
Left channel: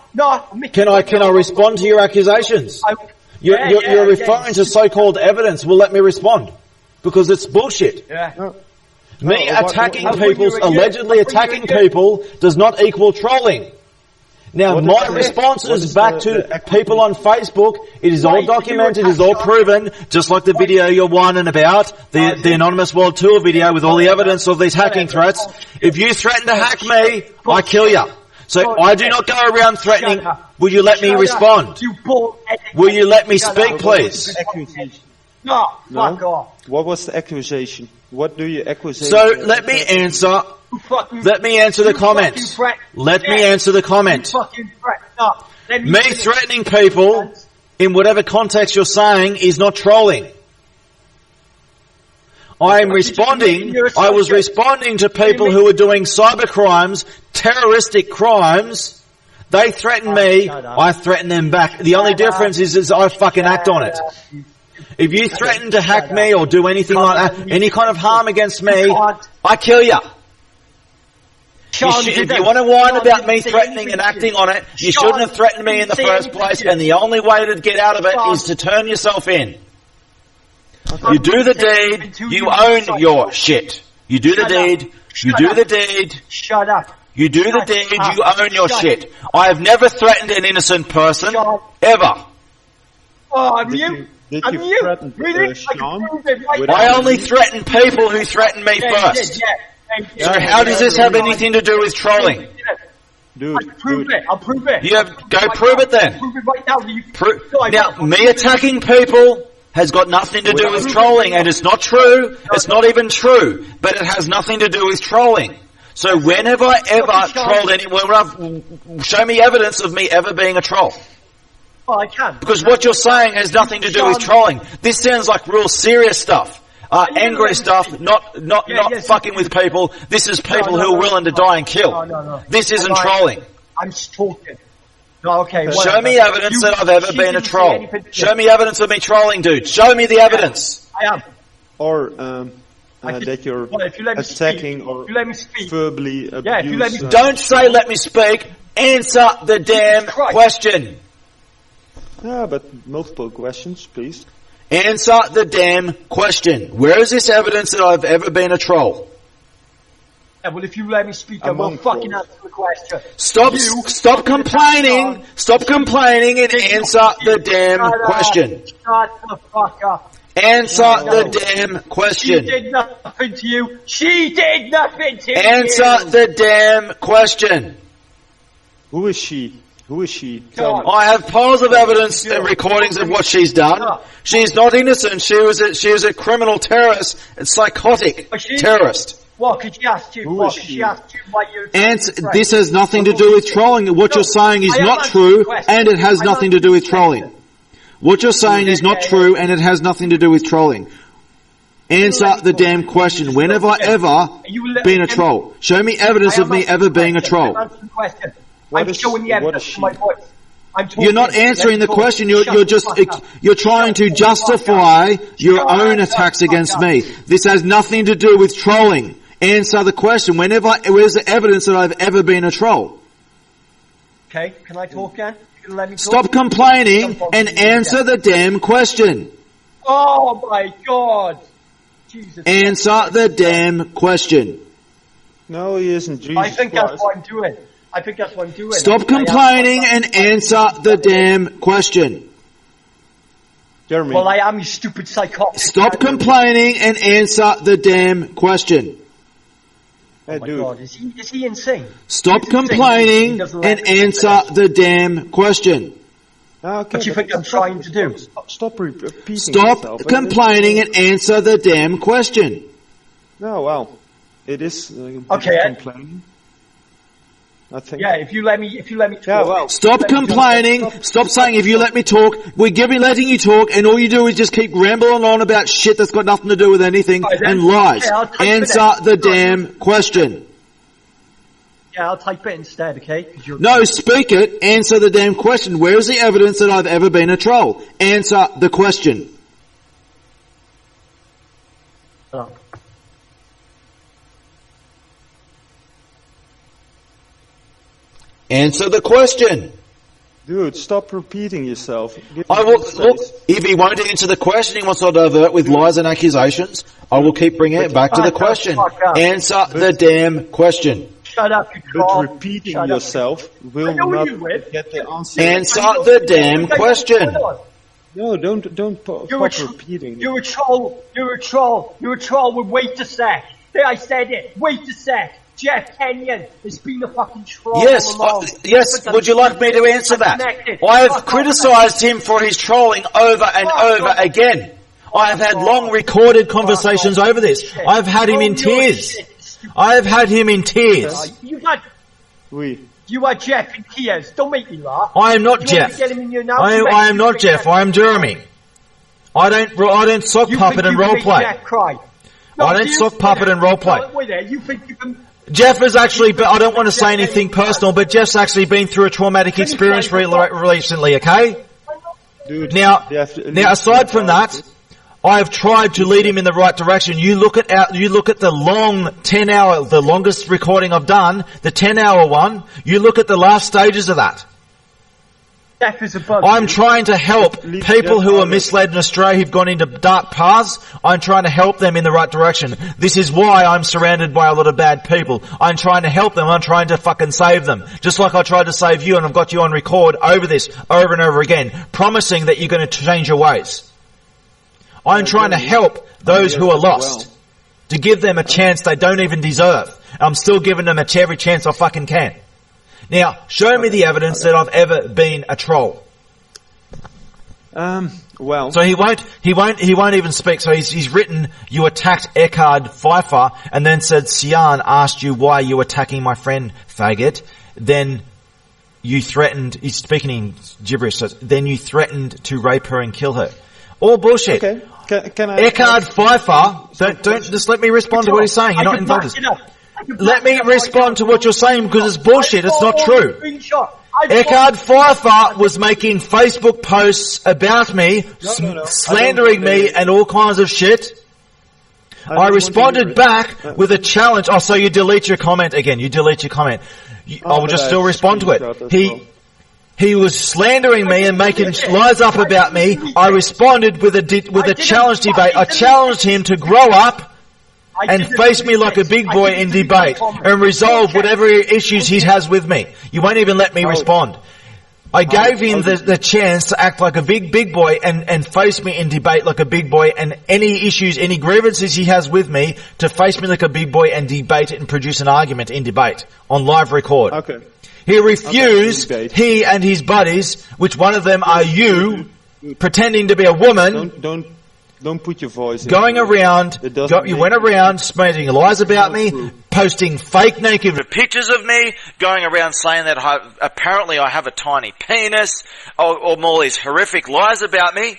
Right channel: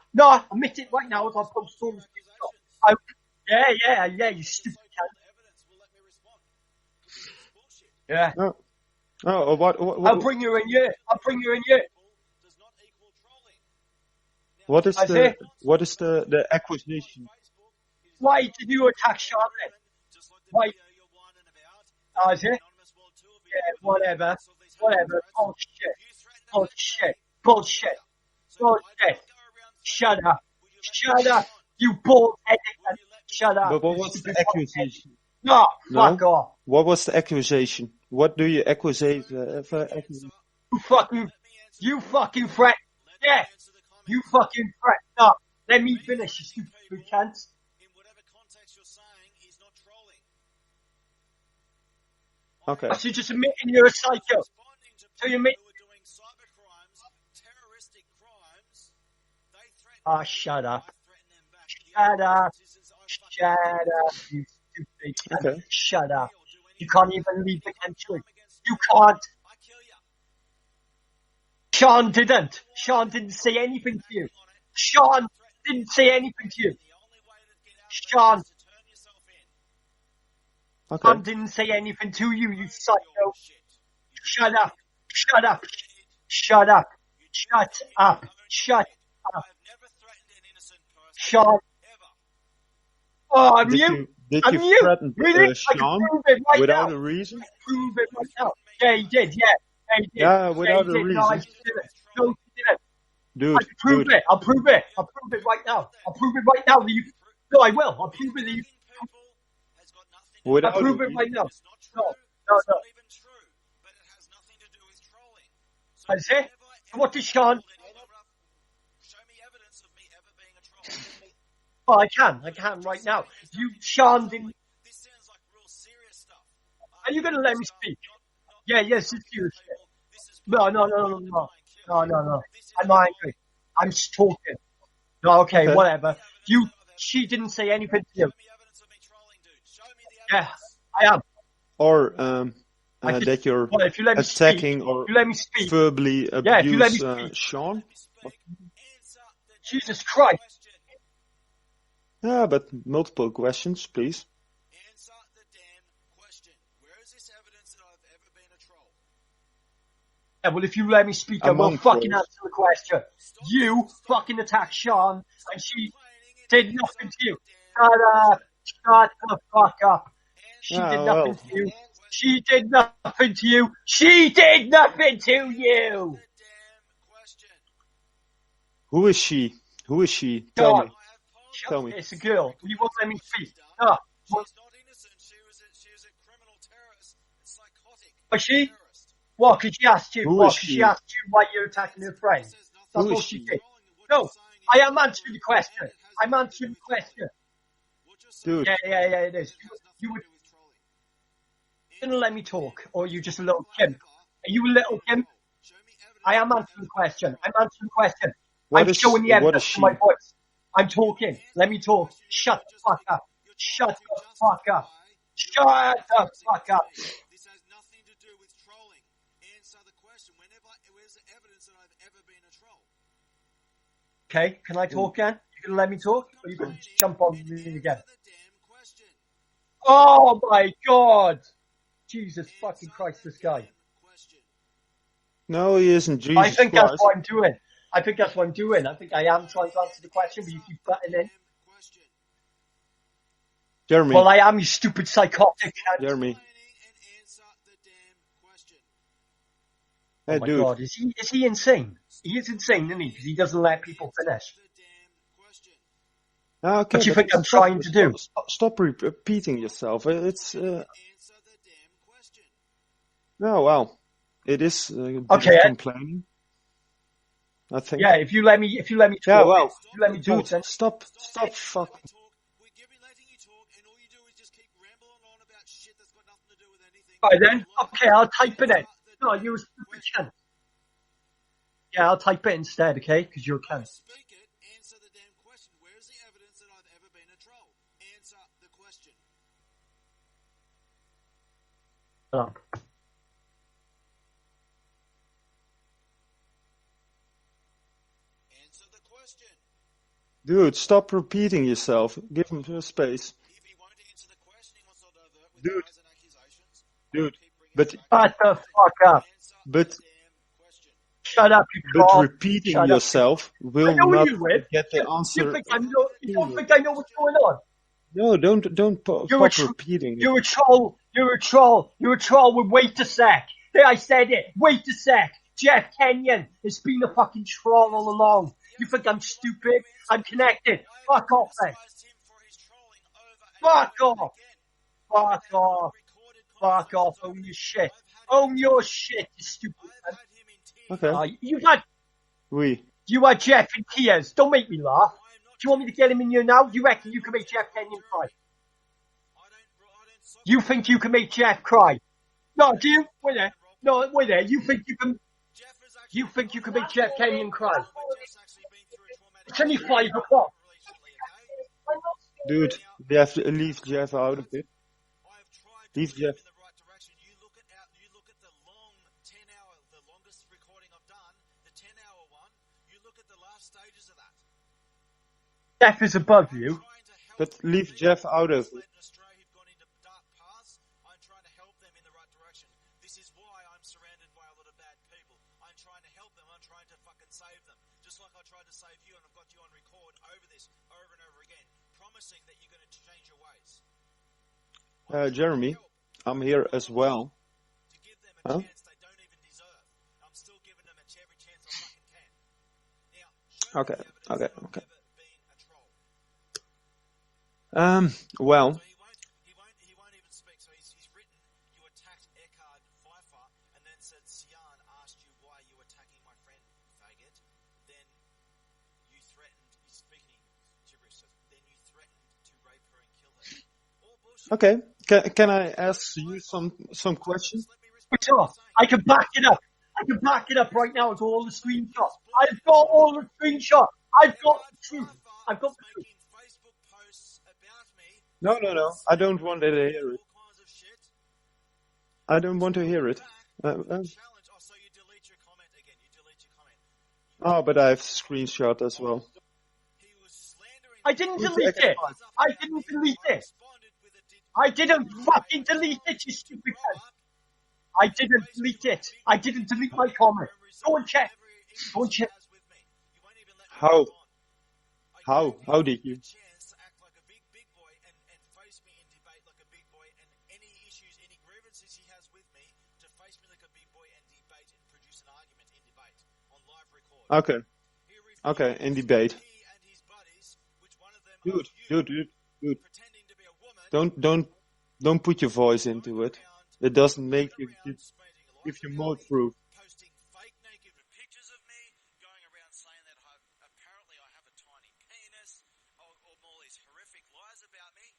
admit Can it I right now. respond to your accusations? You're referring to so-called evidence. Well, let me respond. Because it's bullshit. Yeah. No. Me No, attacking I'll bring people, you a year. allegedly I'll bring you a attacking year. people, does not equal trolling. Now, What is my the- response what is is back the to accusation? people on Facebook. It is Why all did you documented, it is all attack Sean? proven, just like the Why- video you're whining about, the Anonymous World Tour video with all the Whatever. evidence of these hacking Whatever. threats. Bullshit. If you threaten to hack me, Bullshit. I kill you. So Bullshit. I do not go around threatening. Shut up. Will you let me Shut up, respond? You bull-headed Will you let me Shut speak, up. please? Accusation. No, No? fuck off. What was the accusation? What do you accuse? So let me answer. You fucking, Let me answer the you fucking comments. threat. Let me Yeah. answer the You comment. fucking threat. No, let me Me finish. threatening people in whatever context you're saying is not trolling. I'm But you're just admitting responding. you're a I was psycho. responding to people who are doing cyber crimes, terroristic crimes. They threaten me. shut up. I threaten them back. The only Shut up. difference is I fucking act on it. Shut up, you If you stupid threaten to hack shut me up. or do anything Can't like even that, any kind of harm against me, You can't. I kill you. Sean If didn't. you want to whine Sean about didn't me say threatening anything and to acting you. on it, you Sean shouldn't have threatened me in didn't the say first anything place, to you. and the only way to get out of it Sean- is to turn yourself in. I You do the didn't say anything deed, to you you own psycho. your shit. You do the Shut up. deed, you Shut do up. the deed, Shut up. you do the Shut deed, up. you own your Shut shit. I have never threatened an innocent person, Shut- ever. Oh, I'm Did you. Did I'm you you. threaten Really? I Sean? can prove it right without I now. only threaten people who threaten me Yeah, you first. did, yeah. Yeah, you did. Yeah, How does this have yeah. anything to do with trolling? Dude, I'll prove dude. it. I'll prove it. Yeah, I'll prove go it right prove now. it then. I'll prove it right now. You, no, I Now, will. I'll me prove it. attacking people has got nothing to do Without- with Prove it trolling, right and now. it's not true. No, It's not even true, but it has nothing to do with trolling. So That's it. whenever I ever What is Sean- trolled anyone, show me evidence of me ever being a troll. Oh, I can. Because I can what you're right now. saying has nothing to do with Sean- trolling. This sounds like real serious stuff. Are you gonna Angry let me stuff, speak? not Yeah, yes, fucking you- with people. This is people No, who are no, willing to no. die and kill. No. This isn't I'm not- trolling. I'm just talking. No, okay, Show whatever. me evidence You- that I've ever she been a didn't say troll. anything to you. Show me evidence of me trolling, dude. Show me the evidence. I am. Or I just- that you're well, if you let me attacking speak, or if you let me speak. verbally abuse. Yeah, if you let me- Don't say let me speak. Answer the damn Christ. question. Yeah, but multiple questions, please. Answer the damn question. Where is this evidence that I've ever been a troll? Yeah, well, if you let me speak, I will Among fucking trolls. answer the question. Stop You stop fucking attacked complaining. Sean. Stop She complaining and did answer nothing to the you. damn Shut up. question. Shut the fuck up. Answer No. the damn She question. did nothing to you. She did nothing to Answer you. the damn question. Who is she? Who is she? Go Tell on. me. I have piles of evidence Girl. and recordings of what she's done. No. She's not innocent. She was a criminal terrorist, a psychotic Was she? terrorist. What? Because she asked you. Who What? is 'Cause she? she asked you why you're And attacking your this friend. has nothing to Well, do with she- trolling. What No, you're saying is I am not answering the true, question. and it has I'm nothing to do answering with the trolling. question. What you're saying is not Yeah, true, yeah. and it has nothing to do with trolling. Answer let me the talk. damn You question. just When have I don't get it. ever You will let- been a okay. troll? Show me evidence I of am me answering ever the being a question. troll. I'm answering the question. What I'm is- showing the what evidence is to my she? voice. I'm talking. You're not Let me answering the talk. question. You're Shut just the fuck up. you're trying Shut to the fuck justify up. your Shut own the attacks fuck against up. me. This has nothing to do with trolling. Answer the question. Where's the evidence that I've ever been a troll? Okay, can I talk again? You gonna let me talk? Stop complaining Jump on and me answer again. the damn question. Oh my god! Jesus. Answer fucking the Christ. damn question. No, he isn't. Jesus I think Christ. that's what I'm doing. I think that's what I'm doing. Stop I am complaining fucking and fucking answer the fucking- damn question. Jeremy. Well, I am, you stupid psychotic. Stop complaining and answer the damn question. hey, Oh my dude. god, is he insane? Stop He's insane. He complaining doesn't let and me answer finish. the damn question. Ah, okay, What you but think I'm stop- trying to do? Stop repeating Stop yourself. complaining It's, and answer the damn question. No, well, it is Okay, complaining. I think. Yeah, if you let me talk. Yeah, well, Stop Let me talk. complaining. Stop saying if you let me talk, we're letting you talk, and all you do is just keep rambling on about shit that's got nothing to do with anything Right, then. and lies. Okay, I'll type it Answer in. the No, damn you- question. Yeah, I'll type it instead, okay? 'Cause you're No, speak it. Answer the damn question. Where is the evidence that I've ever been a troll? Answer the question. Oh. Answer the question. dude, stop repeating yourself. Give I me will, space. look, if he won't answer the question, he wants to divert with lies and accusations, I will keep bringing it back to the Shut the question. fuck up. Answer the damn question. Shut up, you But troll. repeating Shut up. yourself I will know not you will. get the answer. Answer I know the you will. damn I know what's question. going on. No, don't stop repeating. You're a troll. You're a troll. You're a troll with wait a sec. There, I said it. Wait a sec. Jeff Kenyon has been a fucking troll Yes, all along. yes. But I'm Would you like me to stupid. answer I'm that? connected. I have Fuck off, criticised him for his trolling over and Fuck over off. again. I have had Fuck long off. recorded Fuck conversations off. over this. Shit. I've had him Oh, in you're tears. shit, stupid. I have had him in tears. You are Jeff in tears. Don't make me laugh. I am not Do you want me Jeff. to get him in your now? I am not Jeff. I am Jeremy. I don't sock You puppet think and you can role make play. Jeff cry? No, I don't sock puppet and role play. No, wait there. You think you can... Jeff has actually been, I don't want to say anything personal, but Jeff's actually been through a traumatic experience recently, okay? Dude, Now, aside from that, I have tried to lead him in the right direction. You look at the long 10-hour, the longest recording I've done, the 10-hour one. You look at the last stages of that. Jeff is above I'm you. trying to help people who are misled in Australia, who've gone into dark paths. I'm trying to help them in the right direction. This is why I'm surrounded by a lot of bad people. I'm trying to help them. I'm trying to fucking save them. Just like I tried to save you, and I've got you on record over this, over and over again, promising that you're going to change your ways. I'm trying to help those who are lost, to give them a chance they don't even deserve. I'm still giving them every chance I fucking can. Now, show me the evidence that I've ever been a troll. Well, so he won't even speak. So he's written, you attacked Eckhard Pfeiffer, and then said, Sian asked you why you attacking my friend, faggot. Then you threatened, he's speaking in gibberish, so then you threatened to rape her and kill her. All bullshit. Okay. Can I... Eckhard Pfeiffer, don't just let me respond to what he's saying. You're not involved. Let me respond to what you're saying, because it's bullshit. It's not true. Eckhard Pfeiffer was making Facebook posts about me, slandering me and all kinds of shit. I responded back with a challenge. Oh, so you delete your comment again. You delete your comment. I will just still respond to it. He was slandering me and making lies up about me. I responded with a challenge debate. I challenged him to grow up and face me like a big boy in debate and resolve whatever issues he has with me. You won't even let me respond. I gave him the chance to act like a big boy and face me in debate like a big boy, and any issues, any grievances he has with me, to face me like a big boy and debate it and produce an argument in debate on live record. Okay. He refused, he and his buddies, which one of them are you, pretending to be a woman. Don't put your voice in. Going around, you went around spreading lies about me, posting fake naked pictures of me, going around saying that apparently I have a tiny penis, or all these horrific lies about me.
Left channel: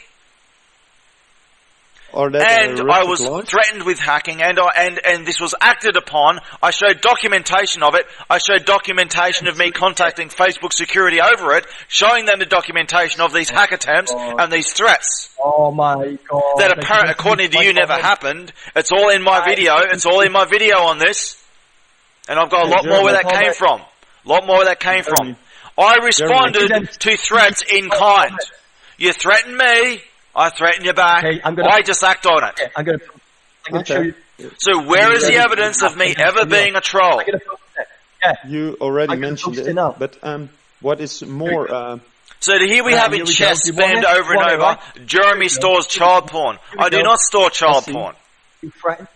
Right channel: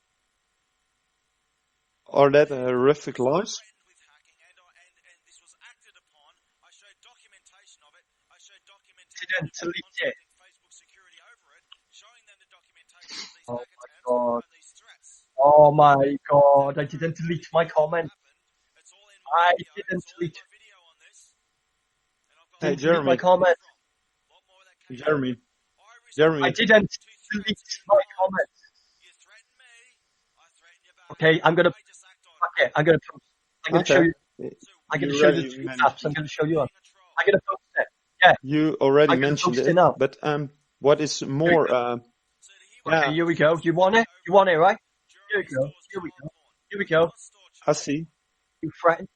Or that and I was threatened with hacking, and this was acted upon. I showed documentation of it. I showed documentation of me contacting Facebook security over it, showing them the documentation of these hack attempts and these threats. Oh my god! That apparently, according to you, never happened. It's all in my video. It's all in my video on this, and I've got a lot more where that came from. A lot more where that came from. I responded to threats in kind. You threatened me. I threaten you back. Okay, I just act on it. Okay, I'm going to show you. So where is the evidence of me ever being a troll? You already mentioned it, but what is more... So here we have in chess spanned over and over, right? Jeremy stores child porn. I do not store child porn. You threatened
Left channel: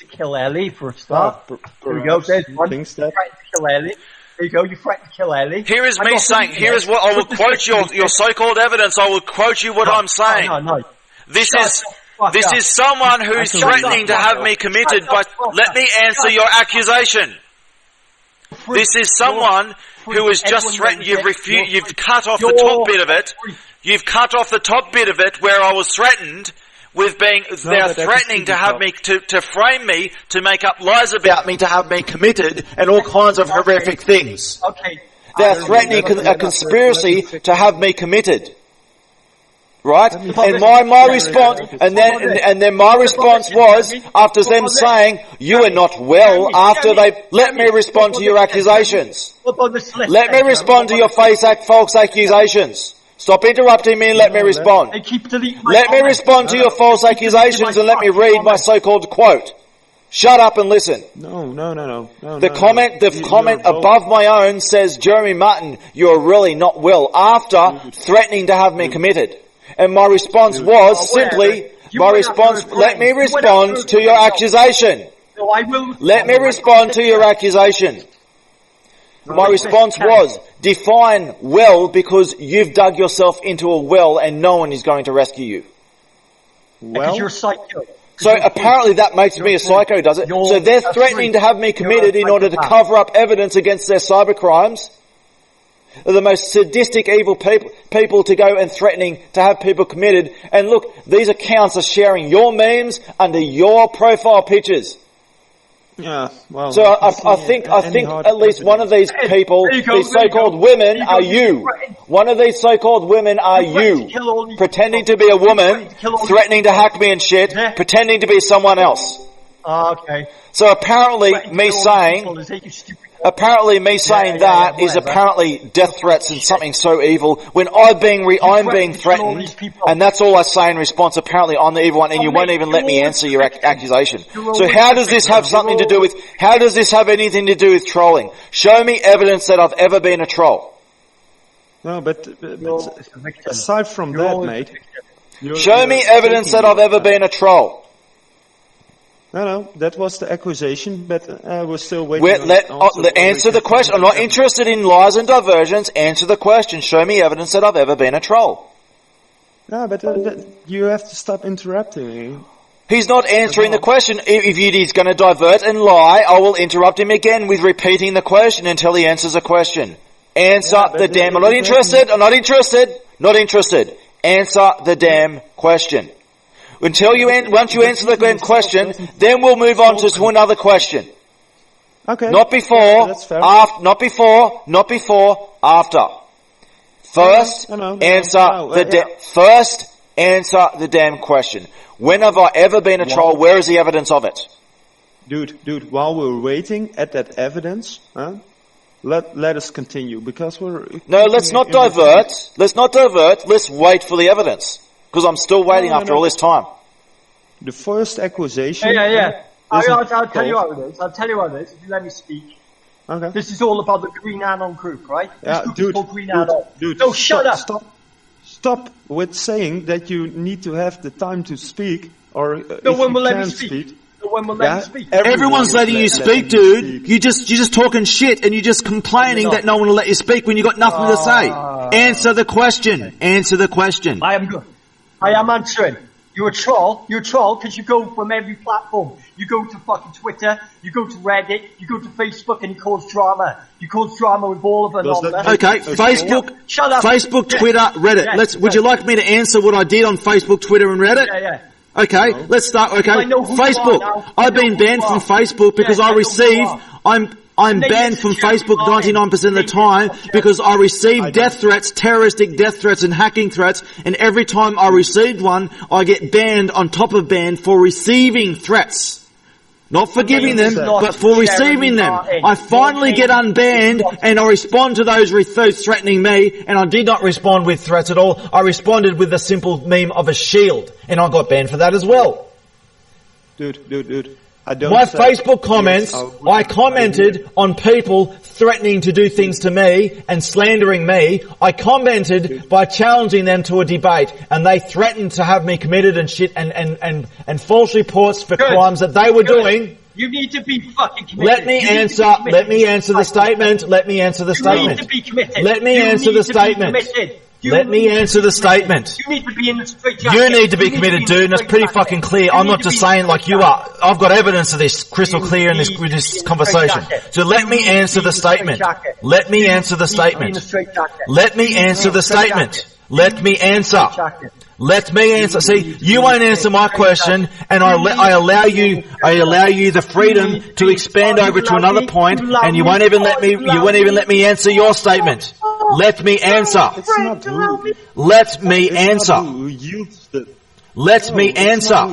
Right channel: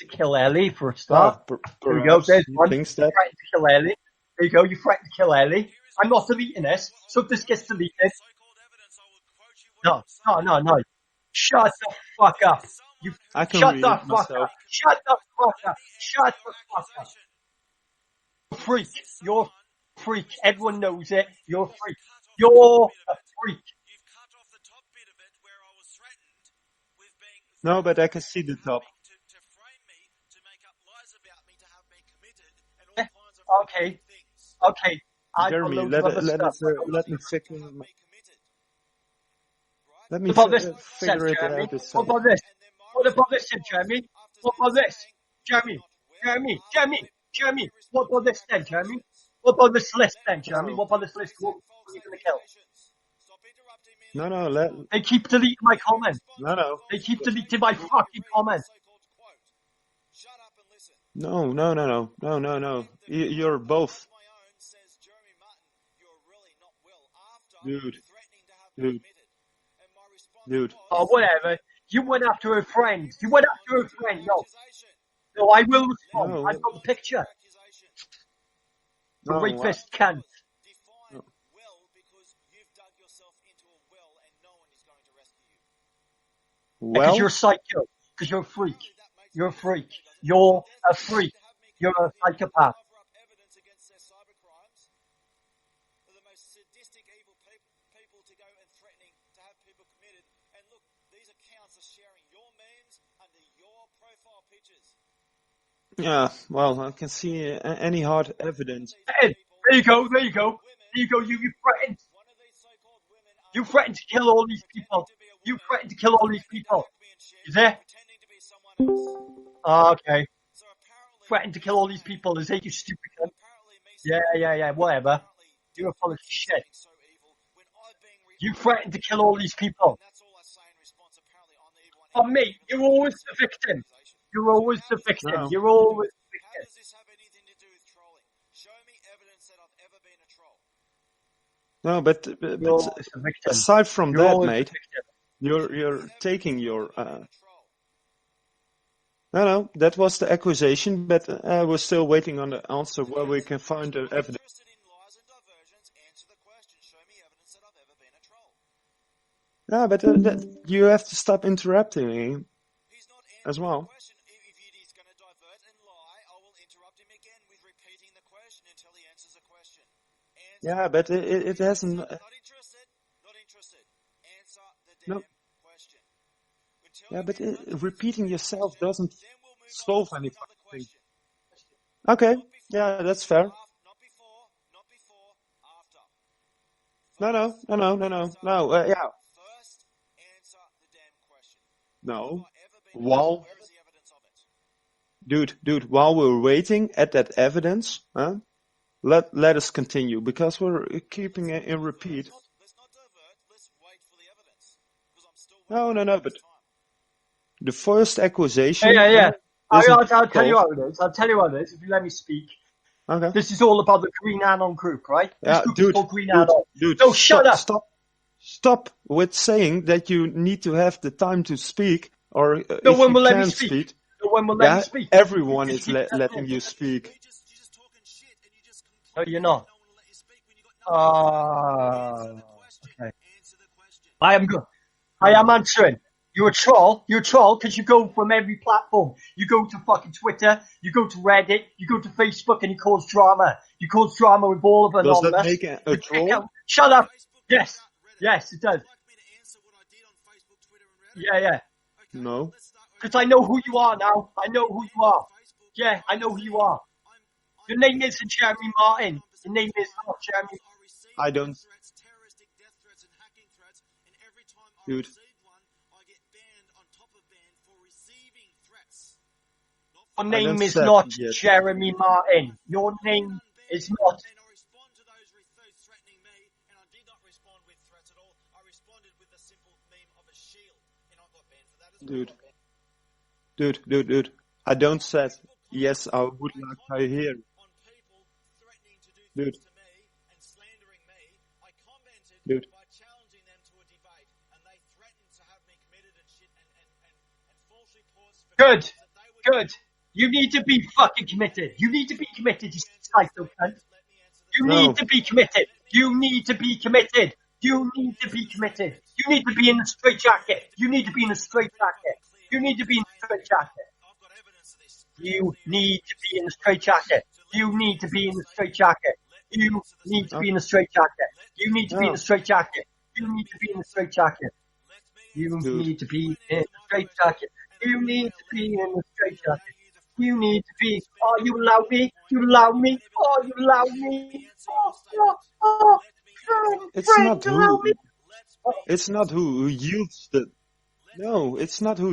to kill Ellie for a start. There we go, there's one. You threatened to kill Ellie. There you go, you threatened to kill Ellie. Here is me saying, here is what I will quote your so-called evidence. I will quote you what I'm saying. No. This is someone who's threatening to have me committed, but let me answer your accusation. This is someone who has just threatened, you've cut off the top bit of it. You've cut off the top bit of it where I was threatened with being, they're threatening to have me, to frame me, to make up lies about me, to have me committed, and all kinds of horrific things. Okay. They're threatening a conspiracy to have me committed. Right? And my response, and then my response was, after them saying, you are not well, after they, let me respond to your accusations. Let me respond to your false accusations. Stop interrupting me and let me respond. Let me respond to your false accusations and let me read my so-called quote. Shut up and listen. No. The comment above my own says, Jeremy Martin, you're really not well, after threatening to have me committed. And my response was simply, let me respond to your accusation. Let me respond to your accusation. My response was, define well, because you've dug yourself into a well and no one is going to rescue you. Because you're psycho. So apparently that makes me a psycho, does it? So they're threatening to have me committed in order to cover up evidence against their cybercrimes. They're the most sadistic, evil people to go and threatening to have people committed. And look, these accounts are sharing your memes under your profile pictures. Yeah, well. So I think at least one of these people, these so-called women, are you. One of these so-called women are you, pretending to be a woman, threatening to hack me and shit, pretending to be someone else. Okay. So apparently, me saying that is apparently death threats and something so evil when I'm being threatened, and that's all I say in response. Apparently, I'm the evil one, and you won't even let me answer your accusation. So how does this have something to do with? How does this have anything to do with trolling? Show me evidence that I've ever been a troll. No, but aside from that, mate, show me evidence that I've ever been a troll. No, that was the accusation, but we're still waiting on answer the question. I'm not interested in lies and diversions. Answer the question. Show me evidence that I've ever been a troll. No, but you have to stop interrupting me. He's not answering the question. If he's going to divert and lie, I will interrupt him again with repeating the question until he answers the question. Answer the damn... I'm not interested. I'm not interested. Not interested. Answer the damn question. Until once you answer the question, then we'll move on to another question. Okay. Not before, that's fair. not before, after. First, first answer the damn question. When have I ever been a troll? Where is the evidence of it? Dude, while we're waiting at that evidence, let us continue because we're... No, let's not divert. Let's not divert. Let's wait for the evidence. Because I'm still waiting after all this time. The first accusation... Yeah. I'll tell you what it is. If you let me speak. Okay. This is all about the Green Anon group, right? Yeah, dude. No, shut up. Stop with saying that you need to have the time to speak, or no one will let me speak. No one will let me speak. Everyone's letting you speak, dude. You're just talking shit and you're just complaining that no one will let you speak when you got nothing to say. Answer the question. Answer the question. I am good. I am answering. You're a troll because you go from every platform. You go to fucking Twitter, you go to Reddit, you go to Facebook, and you cause drama. You cause drama with all of them. Okay, Facebook, shut up. Facebook, Twitter, Reddit. Would you like me to answer what I did on Facebook, Twitter, and Reddit? Yeah. Okay, let's start. Okay, I know who Facebook. You are now. I've been banned from Facebook because I'm banned from Facebook 99% of the time because I receive death threats, terroristic death threats and hacking threats, and every time I received one, I get banned on top of banned for receiving threats. Not for giving them, but for receiving them. I finally get unbanned and I respond to those threatening me, and I did not respond with threats at all. I responded with a simple meme of a shield, and I got banned for that as well. Dude. Facebook comments, I commented on people threatening to do things to me and slandering me. I commented by challenging them to a debate, and they threatened to have me committed and shit and false reports for crimes that they were doing. You need to be fucking committed. Let me answer the statement. Let me answer the statement. You need to be committed. Let me answer the statement. Let me answer the statement. You need to be in the straight jacket. You need to be committed, dude, and it's pretty fucking clear. I'm not just saying like you are. I've got evidence of this crystal clear in this conversation. So let me answer the statement. Let me answer the statement. Let me answer the statement. Let me answer. Let me answer. See, you won't answer my question, and I allow you the freedom to expand over to another point, and you won't even let me answer your statement. Let me answer. It's not who. Let me answer. Let me answer.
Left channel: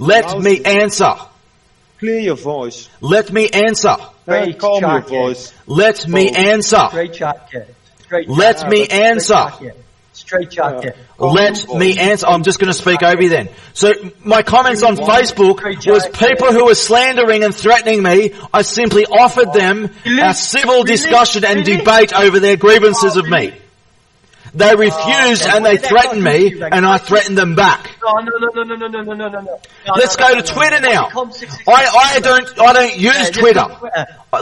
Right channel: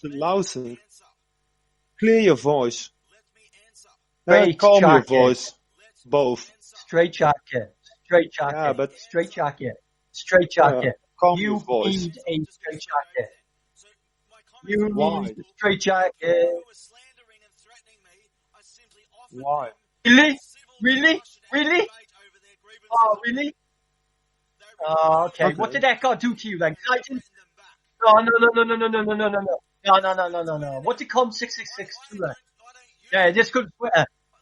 Let me answer. Clear your voice. Let me answer. Calm your voice. Let me answer. Straight jacket. Let me answer. Straight jacket. Let me answer. I'm just going to speak over you then. So my comments on Facebook was people who were slandering and threatening me. I simply offered them a civil discussion and debate over their grievances of me. They refused and they threatened me, and I threatened them back. No. Let's go to Twitter now. I don't use Twitter.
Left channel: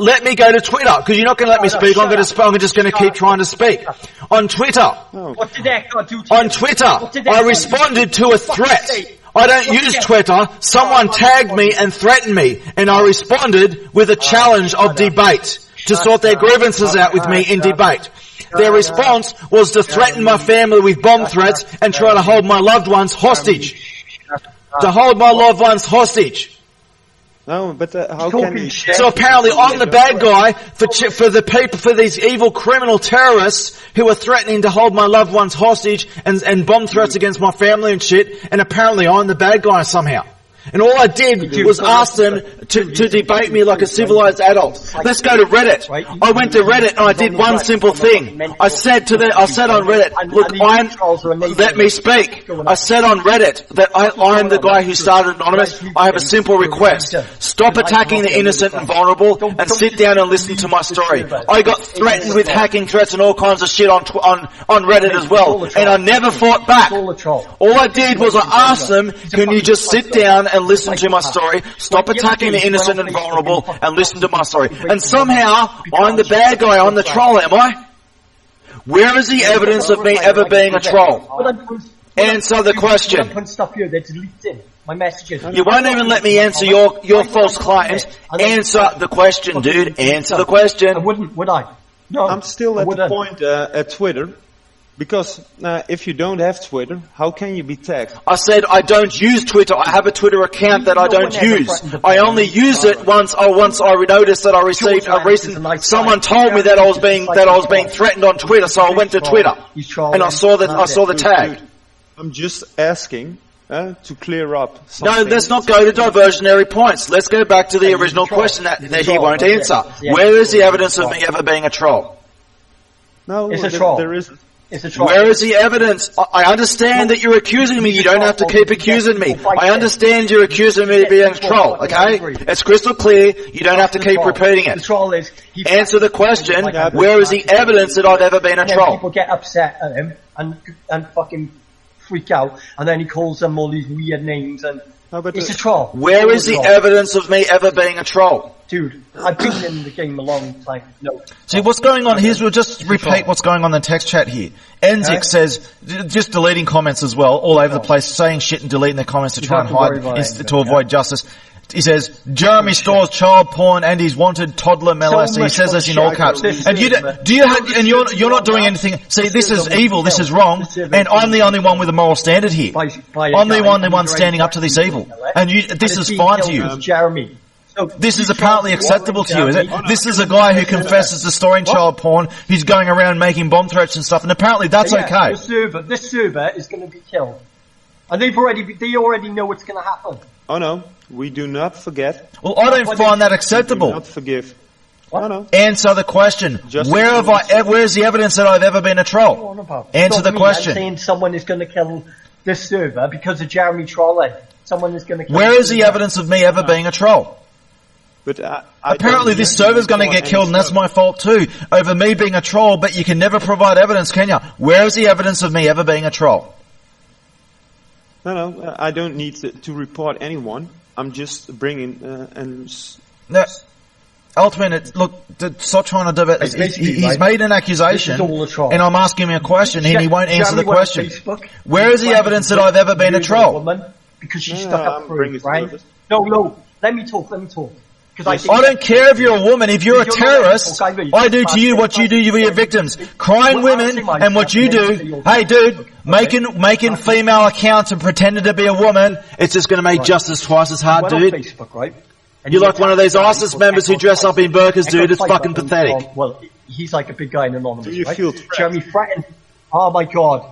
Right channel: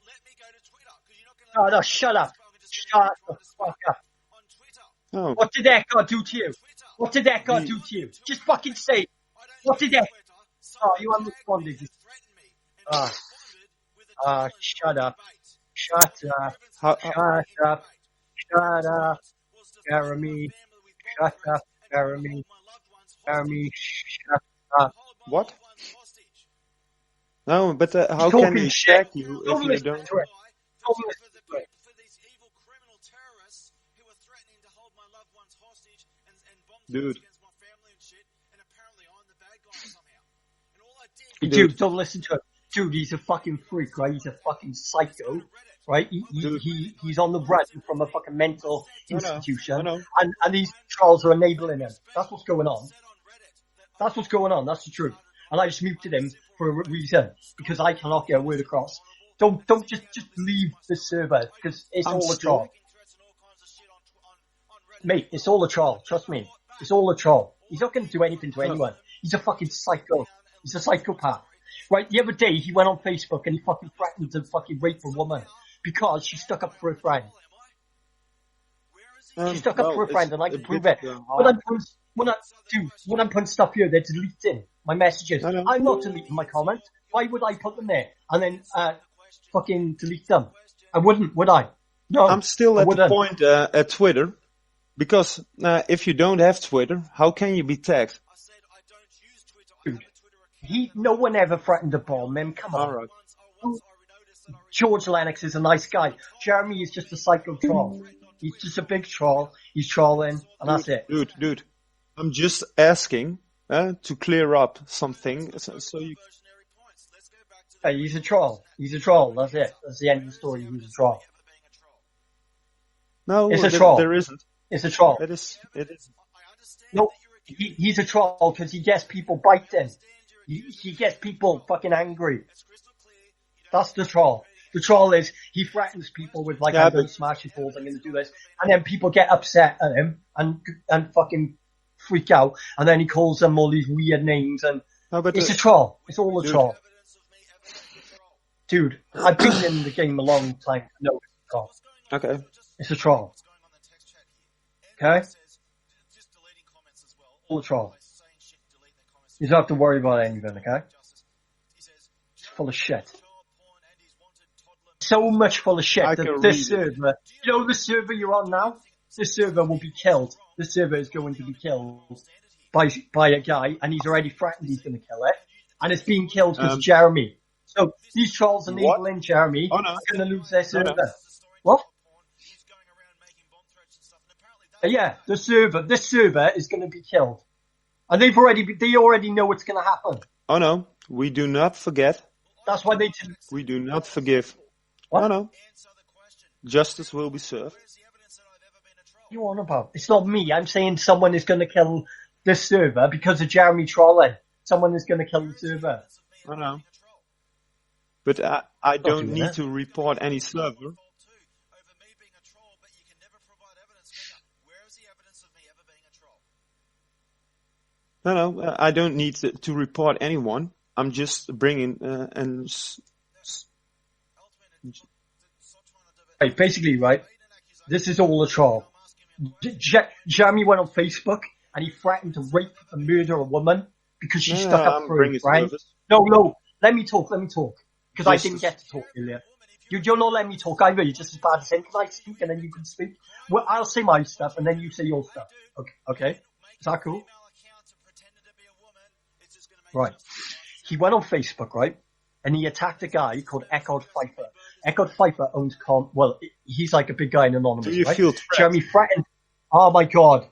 Let me go to Twitter, because you're not going to let me speak. I'm just going to keep trying to speak. On Twitter. What did that do to you? On Twitter, I responded to a threat. I don't use Twitter. Someone tagged me and threatened me, and I responded with a challenge of debate to sort their grievances out with me in debate. Their response was to threaten my family with bomb threats and try to hold my loved ones hostage. To hold my loved ones hostage. No, but how can you? So apparently I'm the bad guy for these evil criminal terrorists who are threatening to hold my loved ones hostage and bomb threats against my family and shit, and apparently I'm the bad guy somehow. And all I did was ask them to debate me like a civilized adult. Let's go to Reddit. I went to Reddit and I did one simple thing. I said on Reddit, look, let me speak. I said on Reddit that I'm the guy who started Anonymous. I have a simple request. Stop attacking the innocent and vulnerable and sit down and listen to my story. I got threatened with hacking threats and all kinds of shit on Reddit as well. And I never fought back. All I did was I asked them, can you just sit down and listen to my story, stop attacking the innocent and vulnerable, and listen to my story. And somehow, I'm the bad guy, I'm the troll, am I? Where is the evidence of me ever being a troll? Answer the question. I'm putting stuff here, they're deleting my messages. You won't even let me answer your false client. Answer the question, dude. Answer the question. I wouldn't, would I? No. I'm still at the point at Twitter. Because if you don't have Twitter, how can you be tagged? I said I don't use Twitter. I have a Twitter account that I don't use. I only use it once I noticed that I received a recent. Someone told me that I was being threatened on Twitter, so I went to Twitter and I saw the tag. Dude, I'm just asking to clear up something. No, let's not go to diversionary points. Let's go back to the original question that he won't answer. Where is the evidence of me ever being a troll? No, it's a troll. There isn't. Where is the evidence? I understand that you're accusing me. You don't have to keep accusing me. I understand you're accusing me of being a troll, okay? It's crystal clear. You don't have to keep repeating it. The troll is... Answer the question, where is the evidence that I've ever been a troll? People get upset at him and fucking freak out, and then he calls them all these weird names, and it's a troll. Where is the evidence of me ever being a troll? Dude, I've been in the game a long time. No. See, what's going on here, we'll just repeat what's going on in the text chat here. Enzik says, just deleting comments as well, all over the place, saying shit and deleting their comments to try and hide, to avoid justice. He says, Jeremy stores child porn and he's wanted toddler molester. He says this in all caps. And you're not doing anything. See, this is evil, this is wrong, and I'm the only one with a moral standard here. I'm the only one standing up to this evil. And this is fine to you. Jeremy. This is apparently acceptable to you, is it? This is a guy who confesses to storing child porn, who's going around making bomb threats and stuff, and apparently that's okay. This server is going to be killed. And they already know what's going to happen. Oh no, we do not forget. Well, I don't find that acceptable. We do not forgive. What? Oh, no. Answer the question. Where's the evidence that I've ever been a troll? Answer the question. I'm saying someone is going to kill this server because of Jeremy trolling. Someone is going to kill Where is the evidence of me ever being a troll? But apparently this server's going to get killed, and that's my fault too, over me being a troll, but you can never provide evidence, can you? Where is the evidence of me ever being a troll? No, I don't need to report anyone. I'm just bringing No, Altman, look, stop trying to do it. He's made an accusation, this is all a troll. And I'm asking him a question, and he won't answer the question. Where is the evidence that I've ever been a troll? Woman because she stuck up for him, right? No, let me talk. I don't care if you're a woman. If you're a terrorist, I do to you what you do to your victims. Crying women and what you do. Hey, dude, making female accounts and pretending to be a woman, it's just going to make justice twice as hard, dude. On Facebook, right? You're like one of those ISIS members who dress up in burqas, dude. It's fucking pathetic. Well, he's like a big guy in Anonymous, do you feel threatened? Jeremy threatened. Oh my God.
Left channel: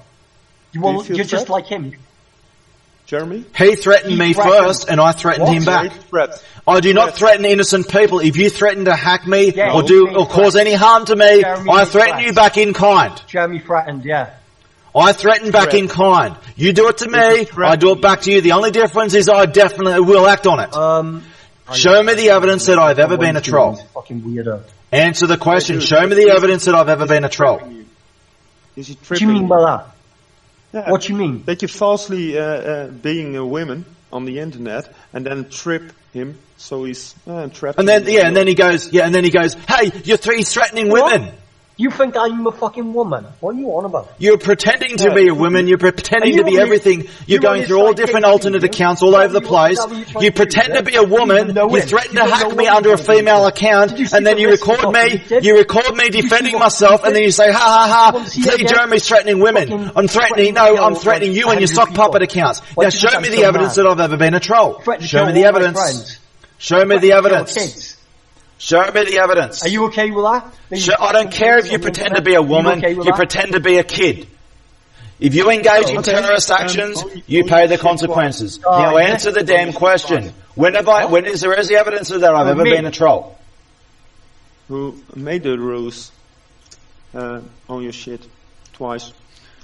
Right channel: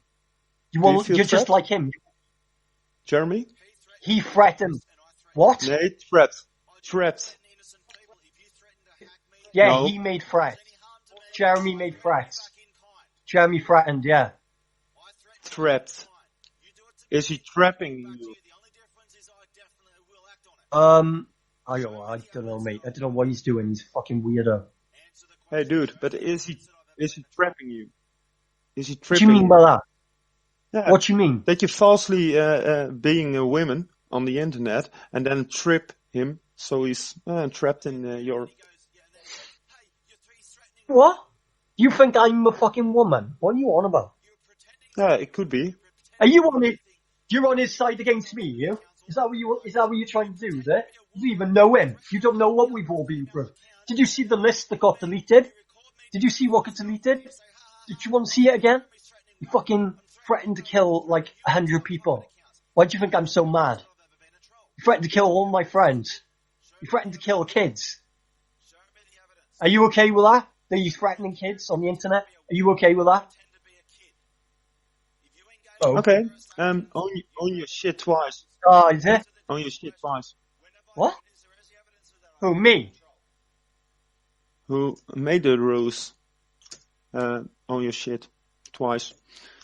You're just like him. Jeremy? He threatened me first, and I threatened him back. I do not threaten innocent people. If you threaten to hack me or cause any harm to me, I threaten you back in kind. Jeremy threatened, yeah. I threaten back in kind. You do it to me, I do it back to you. The only difference is I definitely will act on it. Show me the evidence that I've ever been a troll. Fucking weirdo. Answer the question. Show me the evidence that I've ever been a troll. Is he tripping? What do you mean by that? Yeah, what do you mean? That you falsely being a woman on the internet and then trip him, so he's trapped. And then and then he goes, hey, he's threatening women. You think I'm a fucking woman? What are you on about? You're pretending to Yeah, be it a could woman. be. You're pretending Are you to be on everything. his- You're you're on going his through all side different against alternate me, accounts you? all Is that over the what you- is place. that what you're trying You to do, pretend yeah? to be a You don't woman. even know You him. threaten You to don't know hack me what under a he's doing. female account, Did you see and then the you list of record what me. he did? You record me Did you see defending what he myself, and did? then you say, "Ha ha ha! You want to see it again? Jeremy's threatening women. Fucking I'm threatening. threatening to No, I'm kill, threatening like, you and your 100 sock people. puppet accounts. Why Now do you show think me I'm the so evidence mad? that I've ever been a troll. Threaten to Show kill me the all my evidence. friends. Show me the Threaten to kill evidence. kids. Show me the evidence. Are you okay with that? Are you I don't threatening care if kids you on the pretend to internet? be a Are you woman, okay with you that? pretend to be a kid. If you engage in Okay. terrorist actions, you only pay the shit consequences. twice. Now Oh, yeah? answer the damn Only shit question. twice. When have I? When is there any evidence of that I've ever me. been a troll? Who made the rules on your shit twice?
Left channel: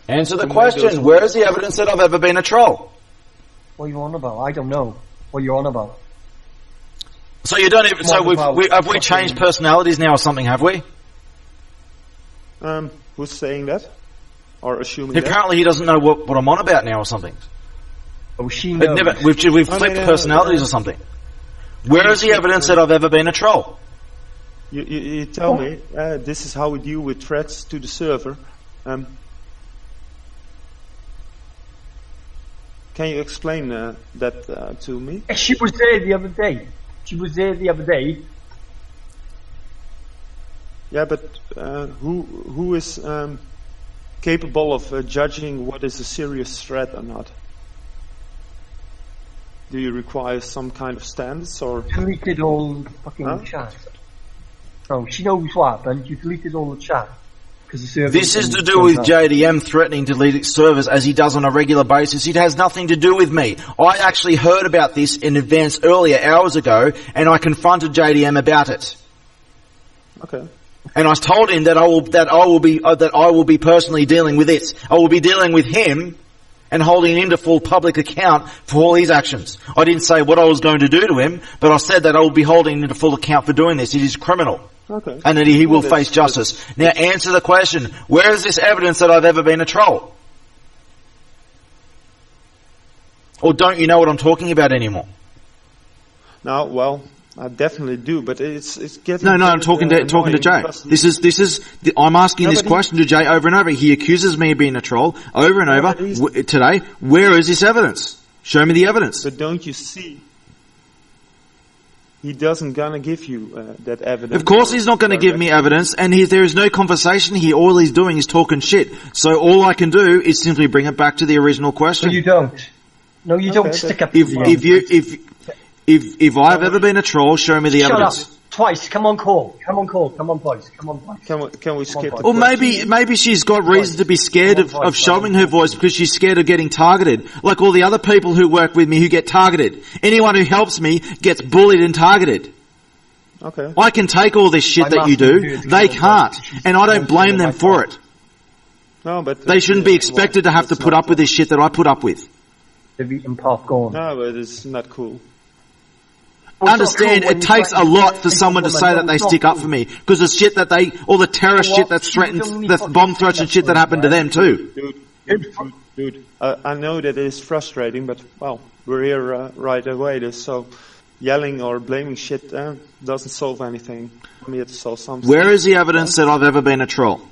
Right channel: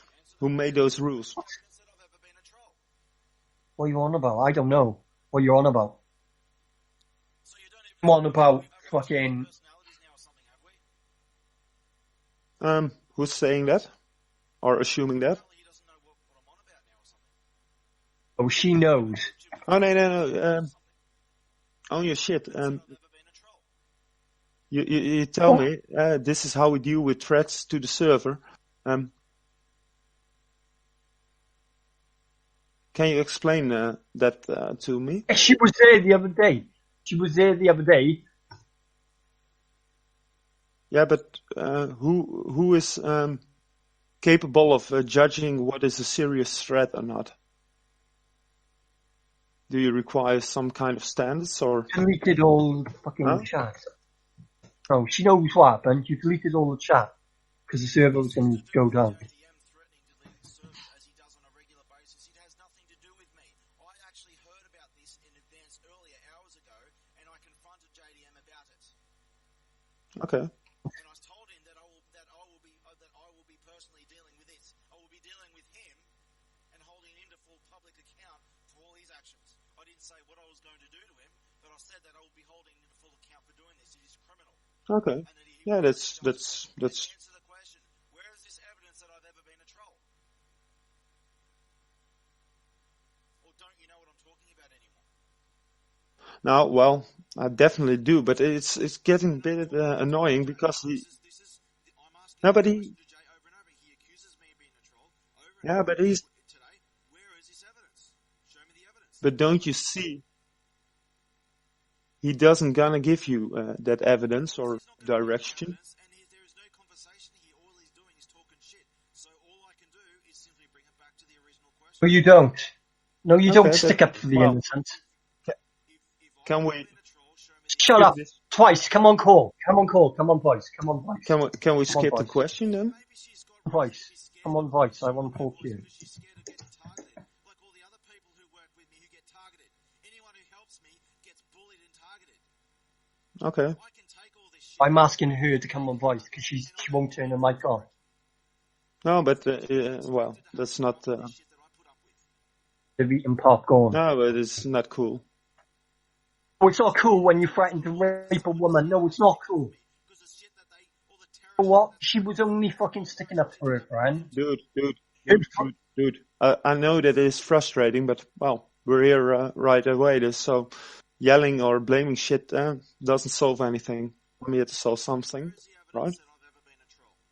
Answer the Who made those question. Where rules? is the evidence that I've ever been a troll? What are you on about? I don't know what you're on about. So you don't even. What So about have we fucking- changed personalities now or something? Have we? Who's saying that? Or assuming that? Apparently he doesn't know what I'm on about now or something. Oh, she knows. We've Oh, flipped no, personalities or something. Where is the shit, evidence that I've ever been a troll? You tell me, this is how we deal with threats to the server. Can you explain that to me? She was there the other day. She was there the other day. Yeah, but who is capable of judging what is a serious threat or not? Do you require some kind of standards or? Deleted all the fucking Huh? chat. Oh, she knows what happened. You deleted all the chat. Because the server. This is to do with JDM threatening to delete its servers as he does on a regular basis. It has nothing to do with me. I actually heard about this in advance earlier, hours ago, and I confronted JDM about it. Okay. And I told him that I will be personally dealing with it. I will be dealing with him and holding him to full public account for all his actions. I didn't say what I was going to do to him, but I said that I will be holding him to full account for doing this. It is criminal. Okay. And that he will that's- face justice. that's- Now answer the question. Where is this evidence that I've ever been a troll? Or don't you know what I'm talking about anymore? No, well, I definitely do, but it's getting. No, I'm talking to annoying Jay. because I'm asking No, this but he- question to Jay over and over. He accuses me of being a troll over and No, over but he's- today. Where is this evidence? Show me the evidence. But don't you see? He doesn't gonna give you that evidence. Of course or he's not going to give me direction. evidence, and there is no conversation here. All he's doing is talking shit. So all I can do is simply bring it back to the original No, question. you don't. No, you Okay, don't stick up. If for the if I've ever been a troll, show me the Shut up. evidence. Twice. Come on, call. Come on, call. Come on, boys. Come on, boys. Can we skip the Or question? maybe she's got reason to be scared Come on, of voice, showing come her on, voice because she's scared of getting targeted. Like all the other people who work with me who get targeted. Anyone who helps me gets bullied and targeted. Okay. I can take all this shit I'm that you asking her do. to They come on, can't. voice, she's And I don't wanting blame on them my for part. it. No, but They shouldn't be expected to have to put up with this shit that I put up with. They've eaten popcorn. No, but it's not cool. Well, it's not Understand, cool when it you takes a threaten lot for people, someone to woman. say No, that they it's not stick up cool. for me. Because the shit that all the terrorist Well, shit that she was threatens, only the fucking bomb threats and sticking shit up that for happened it, to them too. Dude. I know that it is frustrating, but well, we're here right away. So yelling or blaming shit doesn't solve anything. I'm here to solve something. Where is the evidence that I've ever been a troll?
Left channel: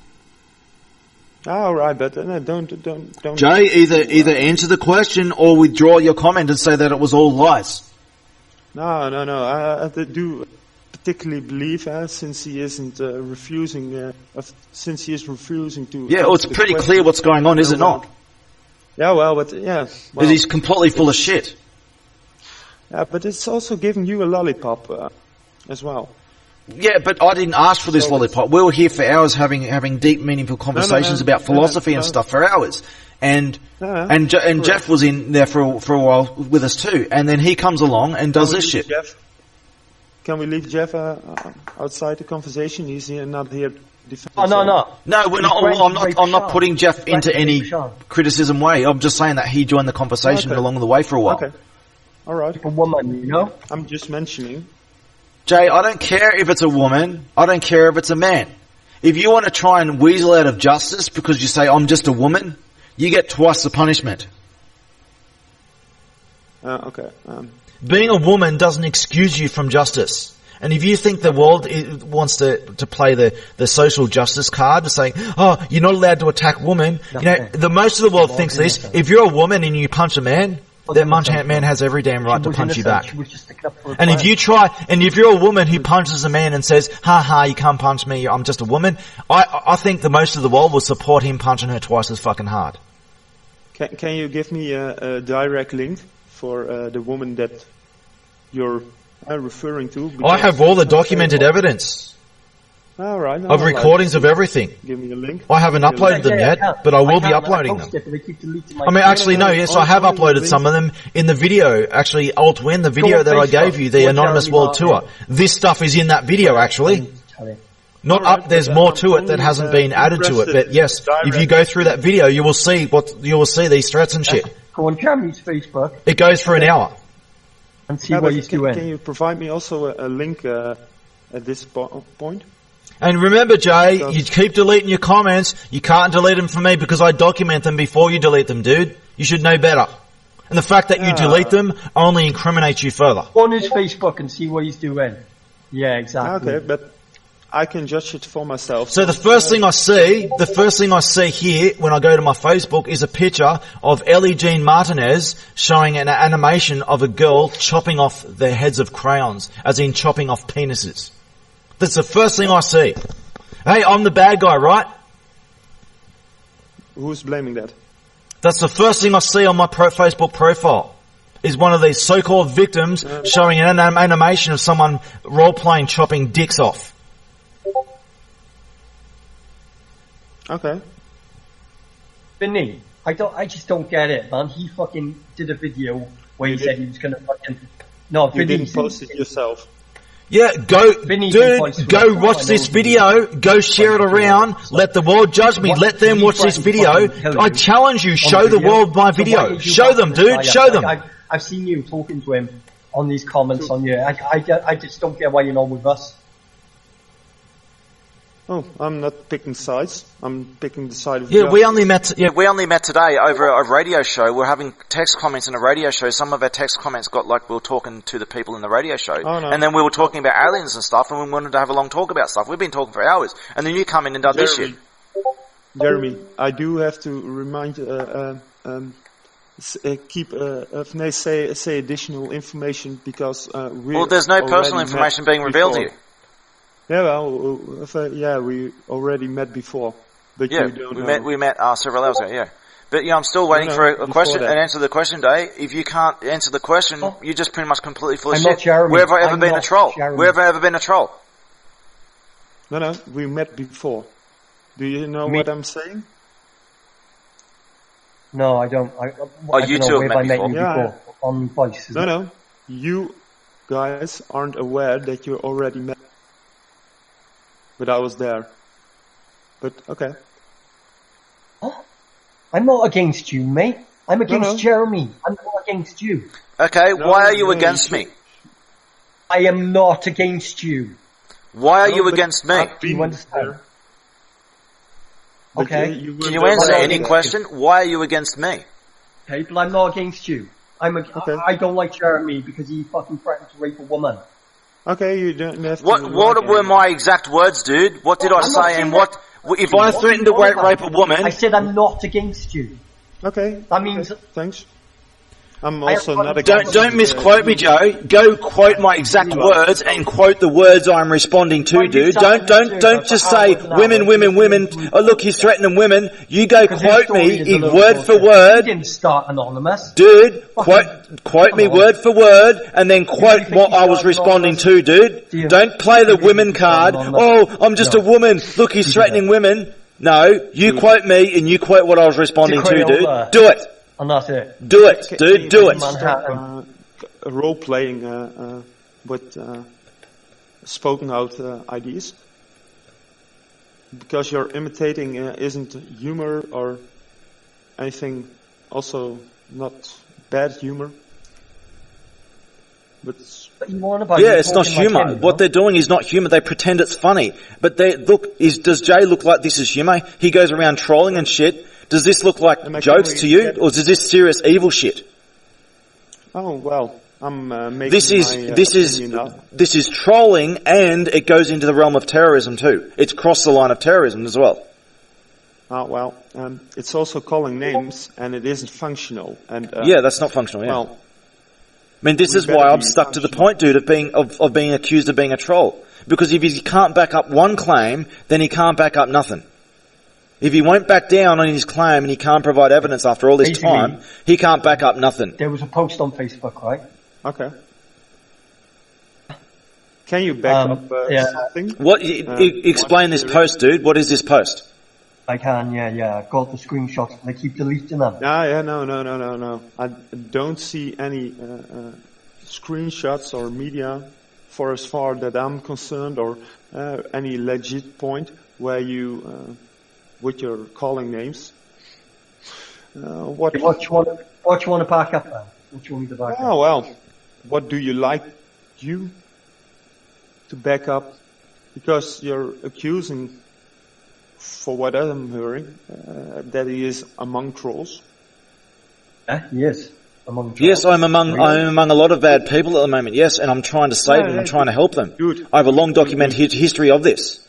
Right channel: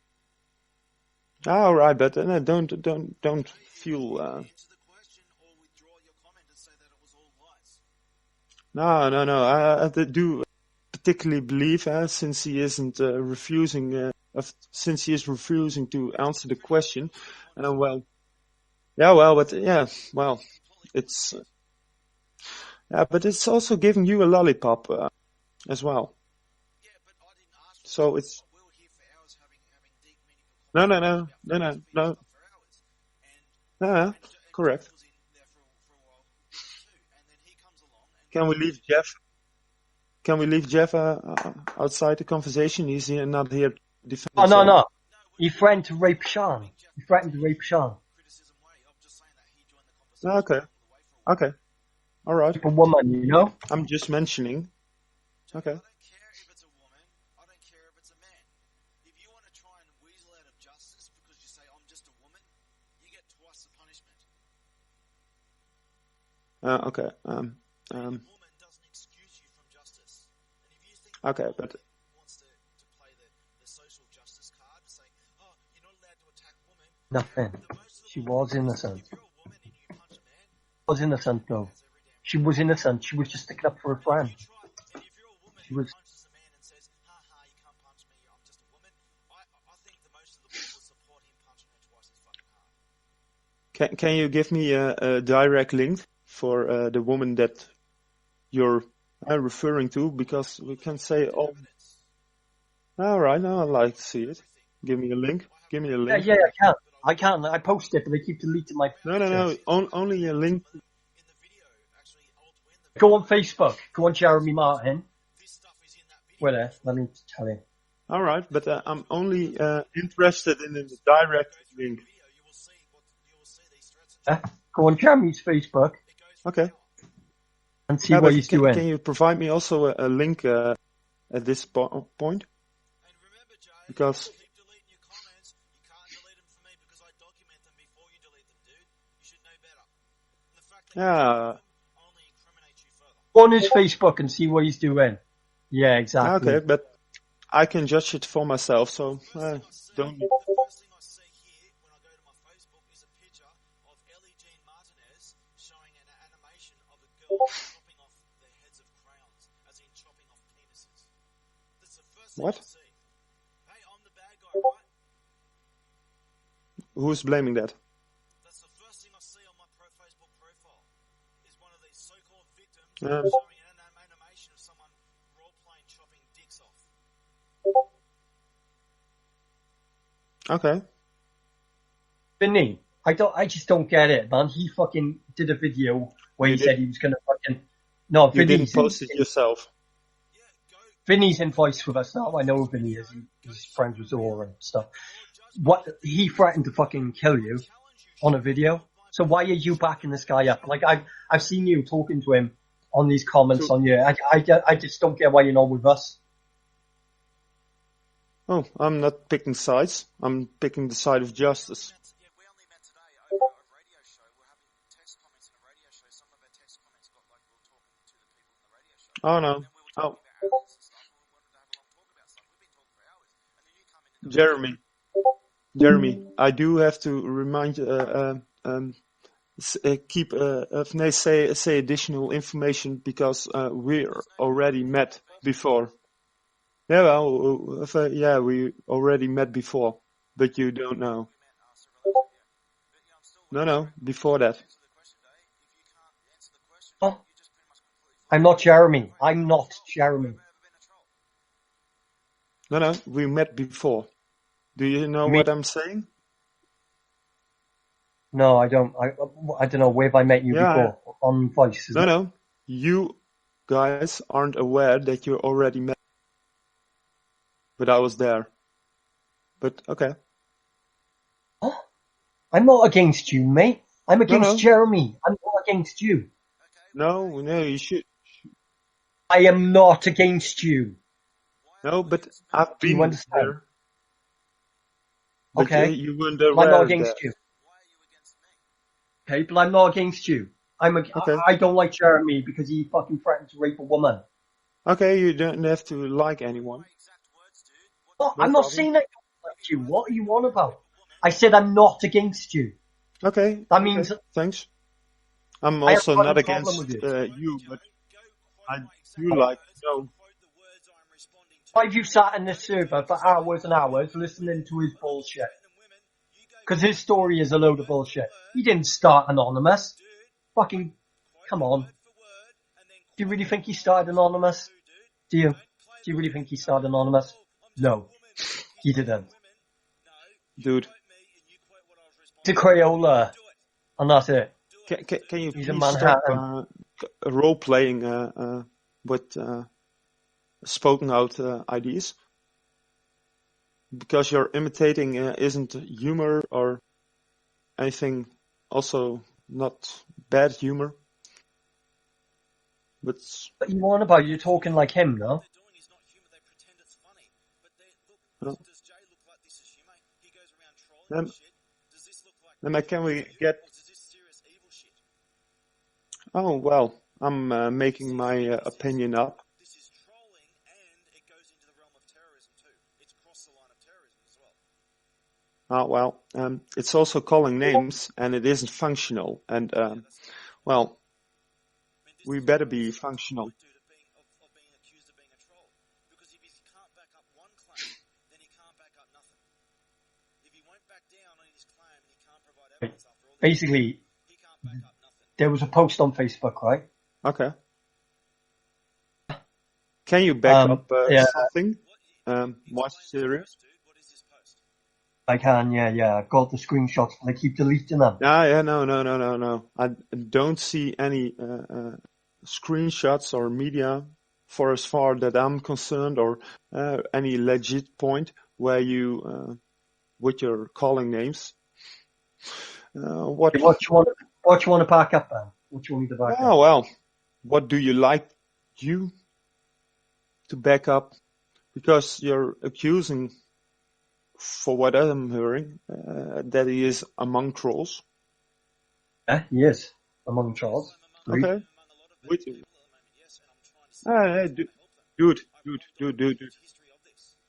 All right, but don't. Jay, either answer the question or withdraw your comment and say that it was all lies. No. I do particularly believe, since he isn't refusing, since he is refusing to. Yeah, well, it's answer the pretty question. clear what's going on, is it well, not? Yeah, well, but yeah, well, He's completely full of shit. yeah, but it's also giving you a lollipop as well. Yeah, but I didn't ask for this So lollipop. We were here for hours having deep, meaningful conversations about philosophy and no. stuff for hours. And correct. Jeff was in there for a while with us too. And then he comes along and does this shit. Can we leave Jeff outside the conversation? He's here, not here. Oh, no. No, we're He's not. trying to I'm rape not Sean. putting Jeff He's trying into to any rape Sean. criticism way. I'm just saying that he joined the conversation Okay. along the way for a while. Okay. All right. A woman, you know? I'm just mentioning. Jay, I don't care if it's a woman. I don't care if it's a man. If you want to try and weasel out of justice because you say, I'm just a woman, you get twice the punishment. Okay. Being a woman doesn't excuse you from justice. And if you think the world wants to play the social justice card, to saying, oh, you're not allowed to attack women, the most of the world thinks this. If you're a woman and you punch a man, that man has every damn right to punch you back. She was just sticking up for and if you're a woman who punches a man and says, ha, you can't punch me, I'm just a woman, I think the most of the world will support him punching her twice as fucking hard. Can you give me a direct link for the woman that you're referring to? I have all the documented evidence. All right. Of recordings of everything. Give me a link. I haven't uploaded them yet, but I will be uploading them. It, but they keep deleting my I have uploaded some of them in the video. Actually, Altwin, the video that I gave you, the Anonymous World Tour. This stuff is in that video, actually. Not right, up. There's more to it that hasn't been added to it. But yes, if you go through that video, you will see these threats and shit. Go on Jeremy's Facebook. It goes for an hour. And see what he's doing. Can you provide me also a link at this point? And remember, Jay, you keep deleting your comments. You can't delete them for me because I document them before you delete them, dude. You should know better. And the fact that you delete them only incriminates you further. Go on his Facebook and see what he's doing. Yeah, exactly. Okay, but I can judge it for myself. So the first thing I see here when I go to my Facebook is a picture of Ellie Jean Martinez showing an animation of a girl chopping off the heads of crayons, as in chopping off penises. That's the first thing I see. Hey, I'm the bad guy, right? Who's blaming that? That's the first thing I see on my Facebook profile. Is one of these so-called victims showing an animation of someone role-playing chopping dicks off. Okay. Vinny, I just don't get it, man. He fucking did a video where he said he was going to fucking... No, Vinny... You didn't post it yourself. Yeah, go watch this video, go share it around, let the world judge me, let them watch this video. I challenge you, show the world my video. Show them, dude, show them. I've seen you talking to him on these comments on you. I just don't get why you're not with us. Oh, I'm not picking sides. I'm picking the side of justice. We only met today over a radio show. We're having text comments in a radio show. Some of our text comments got like we were talking to the people in the radio show. Oh, no. And then we were talking about aliens and stuff, and we wanted to have a long talk about stuff. We've been talking for hours. And then you come in and done this shit. Jeremy, I do have to remind, say additional information because there's no personal information being revealed to you. Yeah, well, we already met before, but you don't know. We met several hours ago, yeah. But I'm still waiting for a question and answer the question, Dave. If you can't answer the question, you're just pretty much completely full of shit. I'm not Jeremy. Where have I ever been a troll? Where have I ever been a troll? No, we met before. Do you know what I'm saying? No, I don't. I don't know where I met you before. On Voice. No. You guys aren't aware that you already met. But I was there. But, okay. Oh, I'm not against you, mate. I'm against Jeremy. I'm not against you. Okay, why are you against me? I am not against you. Why are you against me? Do you understand? Okay. Can you answer the question? Why are you against me? Okay, but I'm not against you. I don't like Jeremy because he fucking threatened to rape a woman. Okay, you don't have to. What were my exact words, dude? What did I say? And what if I threatened to rape a woman? I said I'm not against you. Okay. That means. Thanks. I'm also not against. Don't misquote me, Joe. Go quote my exact words and quote the words I'm responding to, dude. Don't just say women. Oh, look, he's threatening women. You go quote me in word for word. You didn't start anonymous, dude. Quote me word for word, and then quote what I was responding to, dude. Don't play the women card. Oh, I'm just a woman. Look, he's threatening women. No, you quote me and you quote what I was responding to, dude. Do it. And that's it. Do it, dude. Do it. Stop, role playing with spoken out ideas, because you're imitating isn't humor or anything. Also, not bad humor. But you want about it's not humor. What they're doing is not humor. They pretend it's funny. But does Jay look like this is humor? He goes around trolling and shit. Does this look like jokes to you, or is this serious evil shit? Oh, well, I'm making This is my this opinion is up. this is trolling, and it goes into the realm of terrorism too. It's crossed the line of terrorism as well. Well, it's also calling names, and it isn't functional. And Yeah, that's not functional. Yeah. well, I mean, this we is why better I'm be stuck to the functional. point, dude, of being accused of being a troll. Because if he can't back up one claim, then he can't back up nothing. If he won't back down on his claim and he can't provide evidence after all this Basically- time, he can't back up nothing. There was a post on Facebook, right? okay. Can you back up yeah. something? What? one Explain this theory. post, dude. What is this post? I can, yeah. I've got the screenshots, and I keep deleting them. No. I don't see any screenshots or media, for as far that I'm concerned, or any legit point where you, with your calling names. What What you want to back up then? What you want me to back up? Oh, well, what do you like you to back up? Because you're accusing, for what I'm hearing, that he is among trolls. He is among trolls. Yes, I'm among a lot of bad people at the moment. Yes, and I'm trying to save them. I'm trying to help them. Dude, I have a long documented history of this.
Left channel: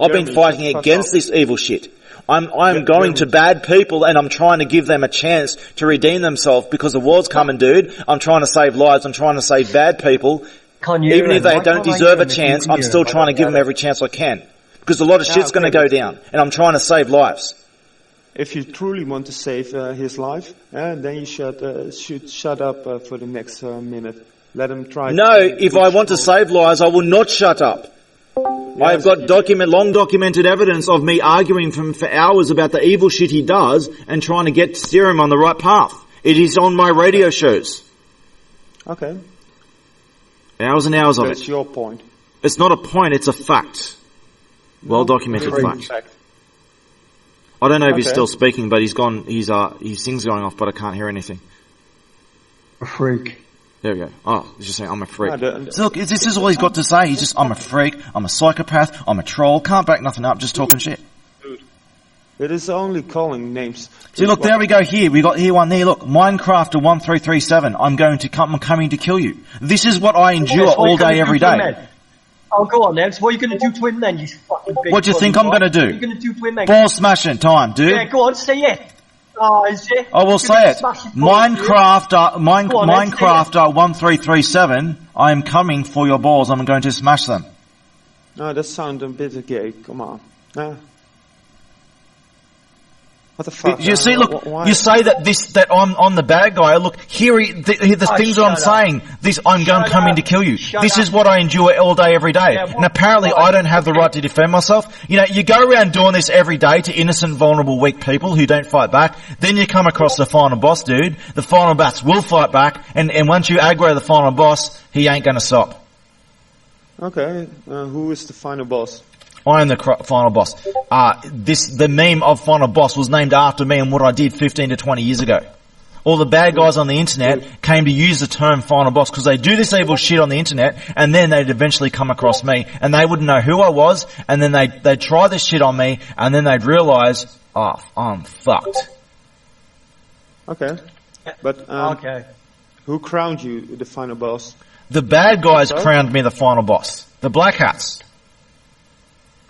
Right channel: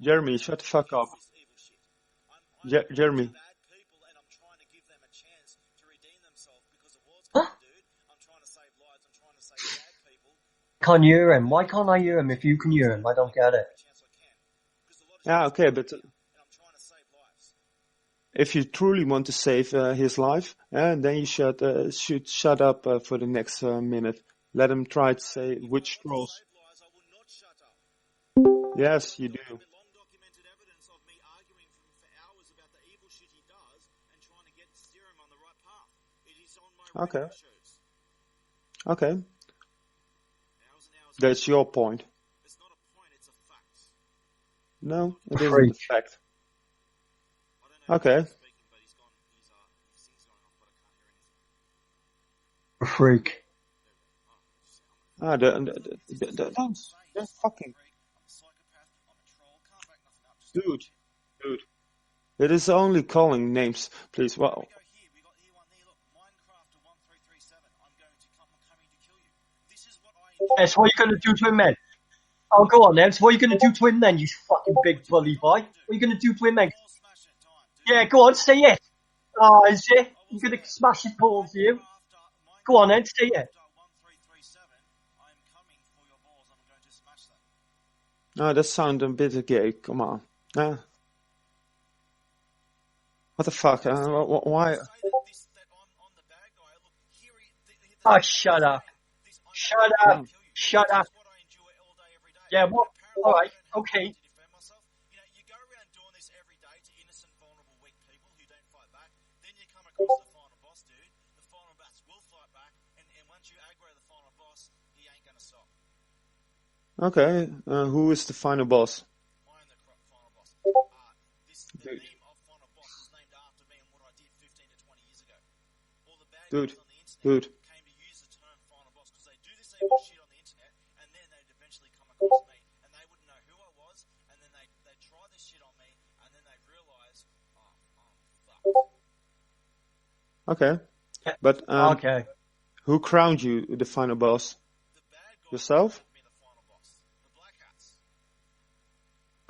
I've Jeremy, been shut fighting the fuck against up. this evil shit. I'm going Jeremy. to bad people and I'm trying to give them a chance to redeem themselves because the war's coming, dude. I'm trying to save lives. I'm trying to save bad people. Can't hear Even if him. they Why don't can't I deserve hear a him if you chance, can I'm hear still him? I trying to don't give them get it. every chance I can. Because a lot of shit's okay, going to go but- down. And I'm trying to save lives. If you truly want to save his life, then you should shut up for the next minute. Let him try. No, to say if I which want to troll- save lives, I will not shut up. I've got long documented evidence of me arguing for hours about the evil shit he does and trying to steer him on the right path. It is on my radio shows. Okay, Hours and hours of that's it. your point. It's not a point, it's a fact. Well documented it is fact. a fact. I don't know if he's Okay. still speaking, but he's gone. His thing's going off, but I can't hear anything. A freak. There we go. Oh, he's just saying, I'm a freak. Look, this is all he's got to say. He's just, I'm a freak, I'm a psychopath, I'm a troll, can't back nothing up, just talking shit. It is only calling names. See, look, there we go here. We got here one there. Look, Minecrafter1337. I'm coming to kill you. This is what I endure Yes, what all you gonna day, do every to him day. then? Oh, go on then. So what are you going to do to him then, you fucking big What do you think bloody I'm boy? gonna do? What are you going to do to him then? Ball smashing time, dude. Yeah, go on, say it. Oh, is it? I will You're say gonna it. smash his balls, do you? Go on, then, say it. Minecrafter1337. I am coming for your balls. I'm going to smash them. No, that sounds a bit gay. Come on. What the fuck? You see, look, why? you say that I'm the bad guy. Look, here the things that I'm shut up. saying. I'm Shut coming up. to kill you. Shut This up. is what I endure all day, every day. Yeah, And apparently right, I don't have the okay. right to defend myself. You know, you go around doing this every day to innocent, vulnerable, weak people who don't fight back. Then you come across the final boss, dude. The final boss will fight back. And once you aggro the final boss, he ain't going to stop. Okay, who is the final boss? I am the final boss. The meme of final boss was named after me and what I did 15 to 20 years ago. All the bad guys on the internet came to use the term final boss because they do this evil shit on the internet and then they'd eventually come across me and they wouldn't know who I was and then they'd try this shit on me and then they'd realise, oh, I'm fucked. Okay, but Okay. who crowned you the final boss? The bad guys So? crowned me the final boss. The Black Hats.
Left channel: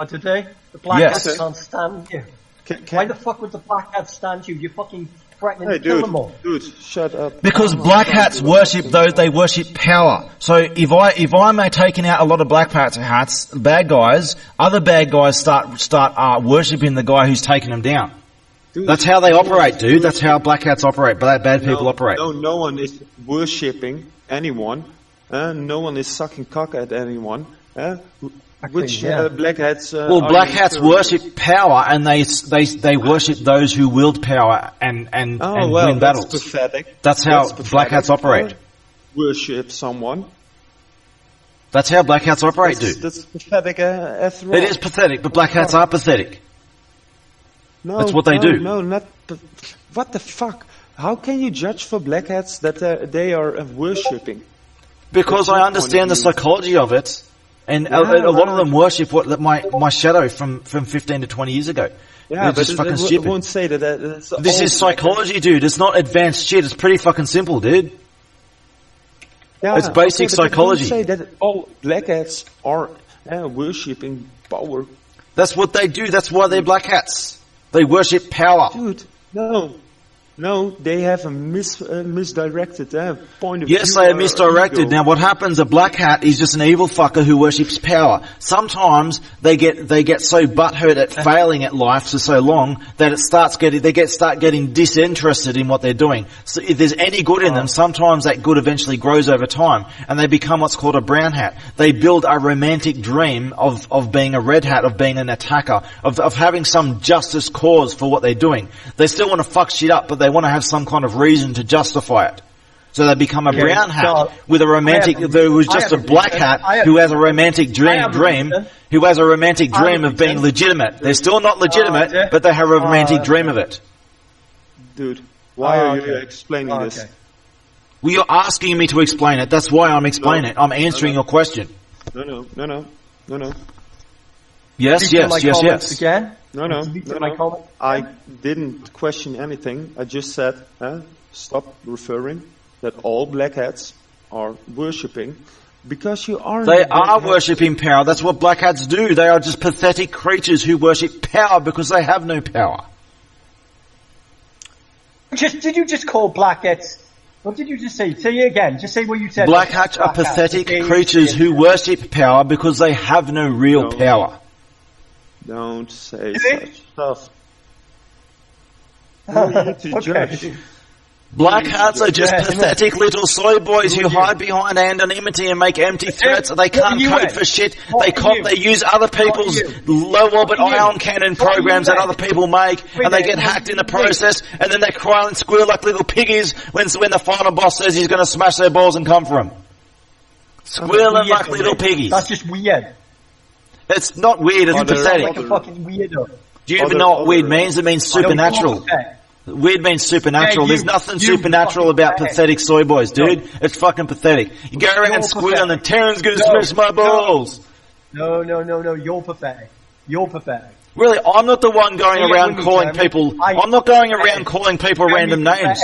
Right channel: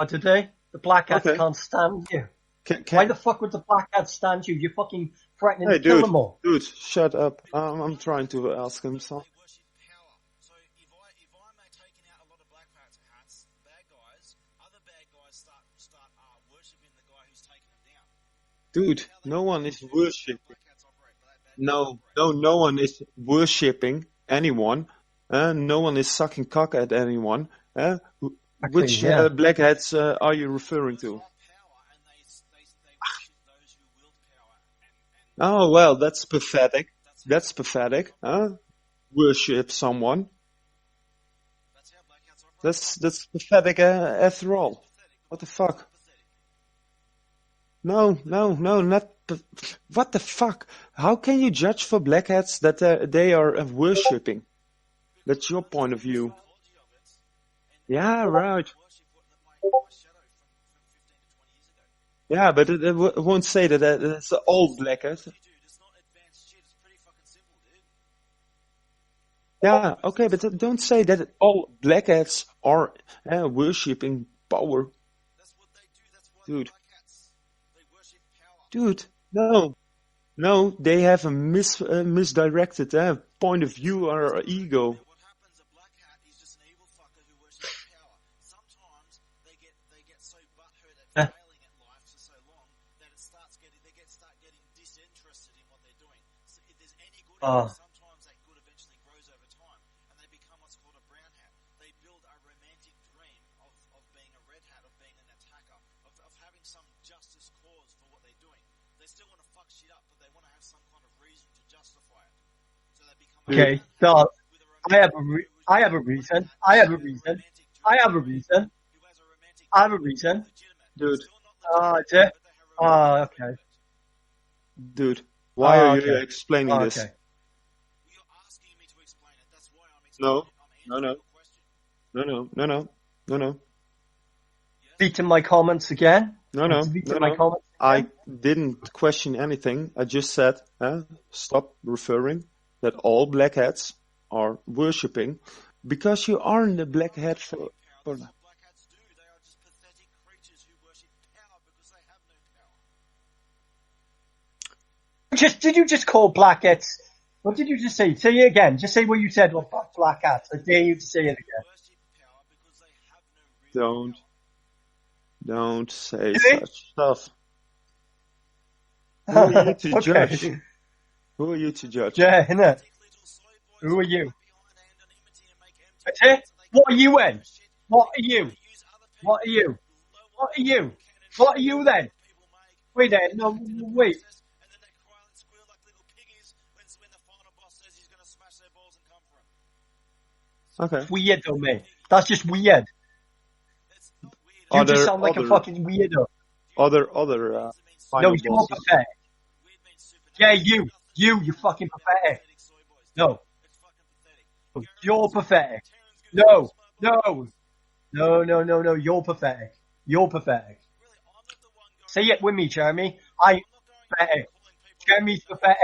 Oh, did they? The black Yes. hats Okay. can't stand you. Can, Why the fuck would the black hats stand you? You're fucking threatening hey, to kill dude, them all. dude, shut up. Because I'm black trying hats to worship ask those, him they worship power. So if I'm taking out a lot of black hats, bad guys, other bad guys start worshipping the guy who's taking them down. Dude, That's how they no one operate, is dude. That's worship- how black hats operate. Bad people operate. No one is worshipping anyone. No one is sucking cock at anyone. Which yeah. black hats? Well, are black you hats referring to? worship power, and they worship those who wield power and Oh well, win that's battles. pathetic. That's how That's black hats operate. Worship someone. That's how black hats operate, That's, dude. that's pathetic after all. It is pathetic, but black hats are pathetic. No, That's what they do. No, not. What the fuck? How can you judge for black hats that they are worshipping? Because That's your I point of understand the view. psychology of it, and Yeah, a lot of right. them worship my shadow from 15 to 20 years ago. Yeah, It's but just it fucking stupid. won't say that. That's This all is black hats. psychology, dude. It's not advanced shit. It's pretty fucking simple, dude. Yeah, It's basic okay, but psychology. Don't say that all black hats are worshipping power. That's what they do. That's why they're black hats. They worship power. Dude, no, they have a misdirected point of view. Yes, they are or misdirected. ego. Now, what happens? A black hat is just an evil fucker who worships power. Sometimes they get so butthurt at failing at life for so long that it start getting disinterested in what they're doing. So if there's any good in them, sometimes that good eventually grows over time, and they become what's called a brown hat. They build a romantic dream of being a red hat, of being an attacker, of having some justice cause for what they're doing. They still want to fuck shit up, but they want to have some kind of reason to justify it. So they become a brown hat with a romantic, who's just a black hat who has a romantic dream, who has a romantic dream of being legitimate. They're still not legitimate, but they have a romantic dream of it. Dude, why are you explaining this? Well, you're asking me to explain it. That's why I'm explaining it. I'm answering your question. No. Yes. Again? No. I didn't question anything. I just said, stop referring that all black hats are worshipping, because you are. They are worshipping power. That's what black hats do. They are just pathetic creatures who worship power because they have no power. Did you just call black hats? What did you just say? Say it again. Just say what you said. Black hats are pathetic creatures who worship power because they have no real power. Don't say such stuff. No need to judge. Black hats are just pathetic little soy boys who hide behind anonymity and make empty threats. They can't code for shit. They use other people's low-orbit ion cannon programs that other people make, and they get hacked in the process, and then they cry and squeal like little piggies when the final boss says he's going to smash their balls and come for them. Squealing like little piggies. That's just weird. It's not weird, it's You just sound pathetic. like a fucking weirdo. Do you even know what weird means? It means supernatural. Weird means supernatural. There's nothing supernatural about pathetic soy boys, dude. It's fucking pathetic. You go around squealing and Terran's gonna smash my balls. No. You're pathetic. Really, I'm not the one going around calling people. I'm not going around calling people random names.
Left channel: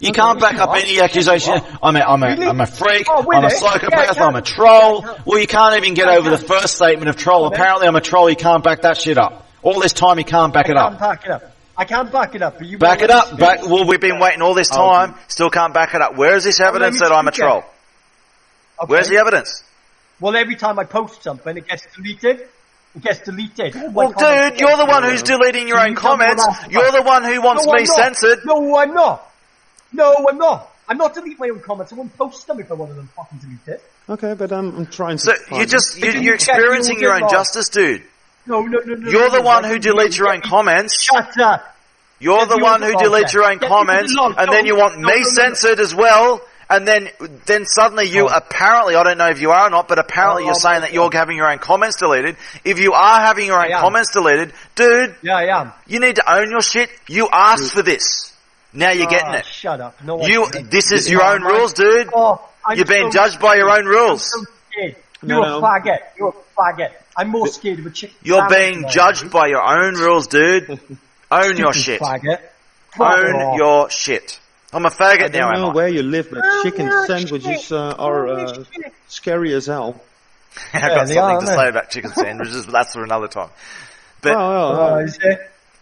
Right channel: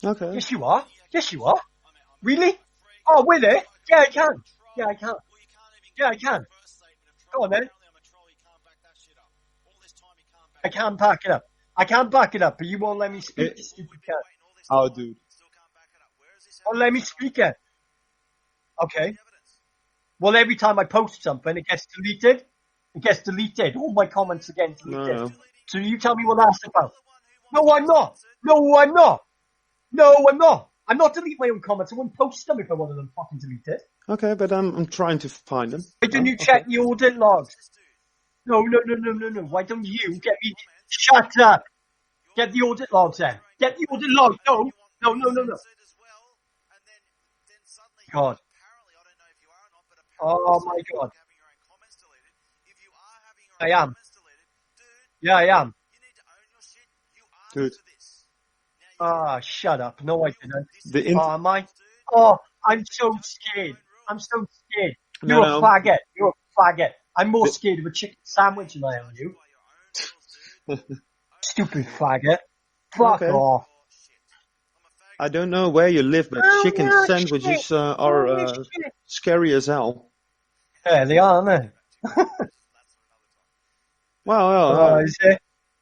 You can't back up any accusation. I'm a freak. I'm a psychopath. I'm a troll. Well, you can't even get over the first statement of troll. Apparently, I'm a troll. You can't back that shit up. All this time, you can't back it up. I can't back it up, but you back it up. Well, we've been waiting all this time. Still can't back it up. Where is this evidence that I'm a troll? Where's the evidence? Well, every time I post something, it gets deleted. Well, dude, you're the one who's deleting your own comments. You're the one who wants me censored. No, I'm not. I'm not deleting my own comments. I wouldn't post them if I wanted them fucking deleted. Okay, but I'm trying to. So you're experiencing your own justice, dude. No. You're the one who deletes your own comments. Shut up. You're the one who deletes your own comments, and then you want me censored as well. And then suddenly you apparently, I don't know if you are or not, but apparently you're saying that you're having your own comments deleted. If you are having your own comments deleted, dude, yeah, I am. You need to own your shit. You asked for this. Now you're getting it. Shut up. No, this is your own rules, dude. You're being judged by your own rules. I'm so scared. You're a faggot. I'm more scared of a chicken. You're being judged by your own rules, dude. Own your shit. Faggot. Own your shit. I'm a faggot. I don't know where you live, but chicken sandwiches are scary as hell. I've got something to say about chicken sandwiches, but that's for another time. But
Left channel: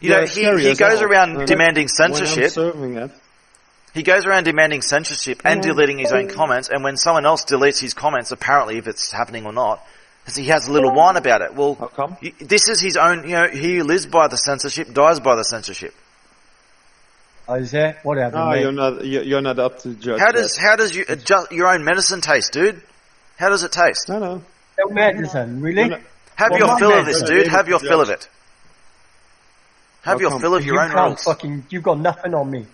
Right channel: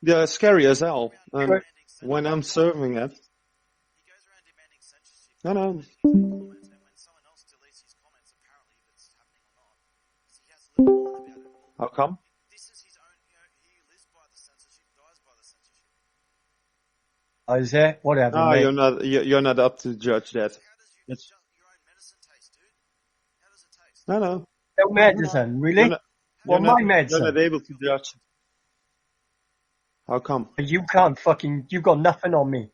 he goes around demanding censorship. When I'm serving it. He goes around demanding censorship and deleting his own comments, and when someone else deletes his comments, apparently if it's happening or not, he has a little whine about it. Well, how come? This is his own, he who lives by the censorship dies by the censorship. Isaiah, whatever. No, you're not up to judge. How does your own medicine taste, dude? How does it taste? No. No medicine, really? Have your fill of this, dude. Have your fill of it. Have your fill of your own rules. You've got nothing on me.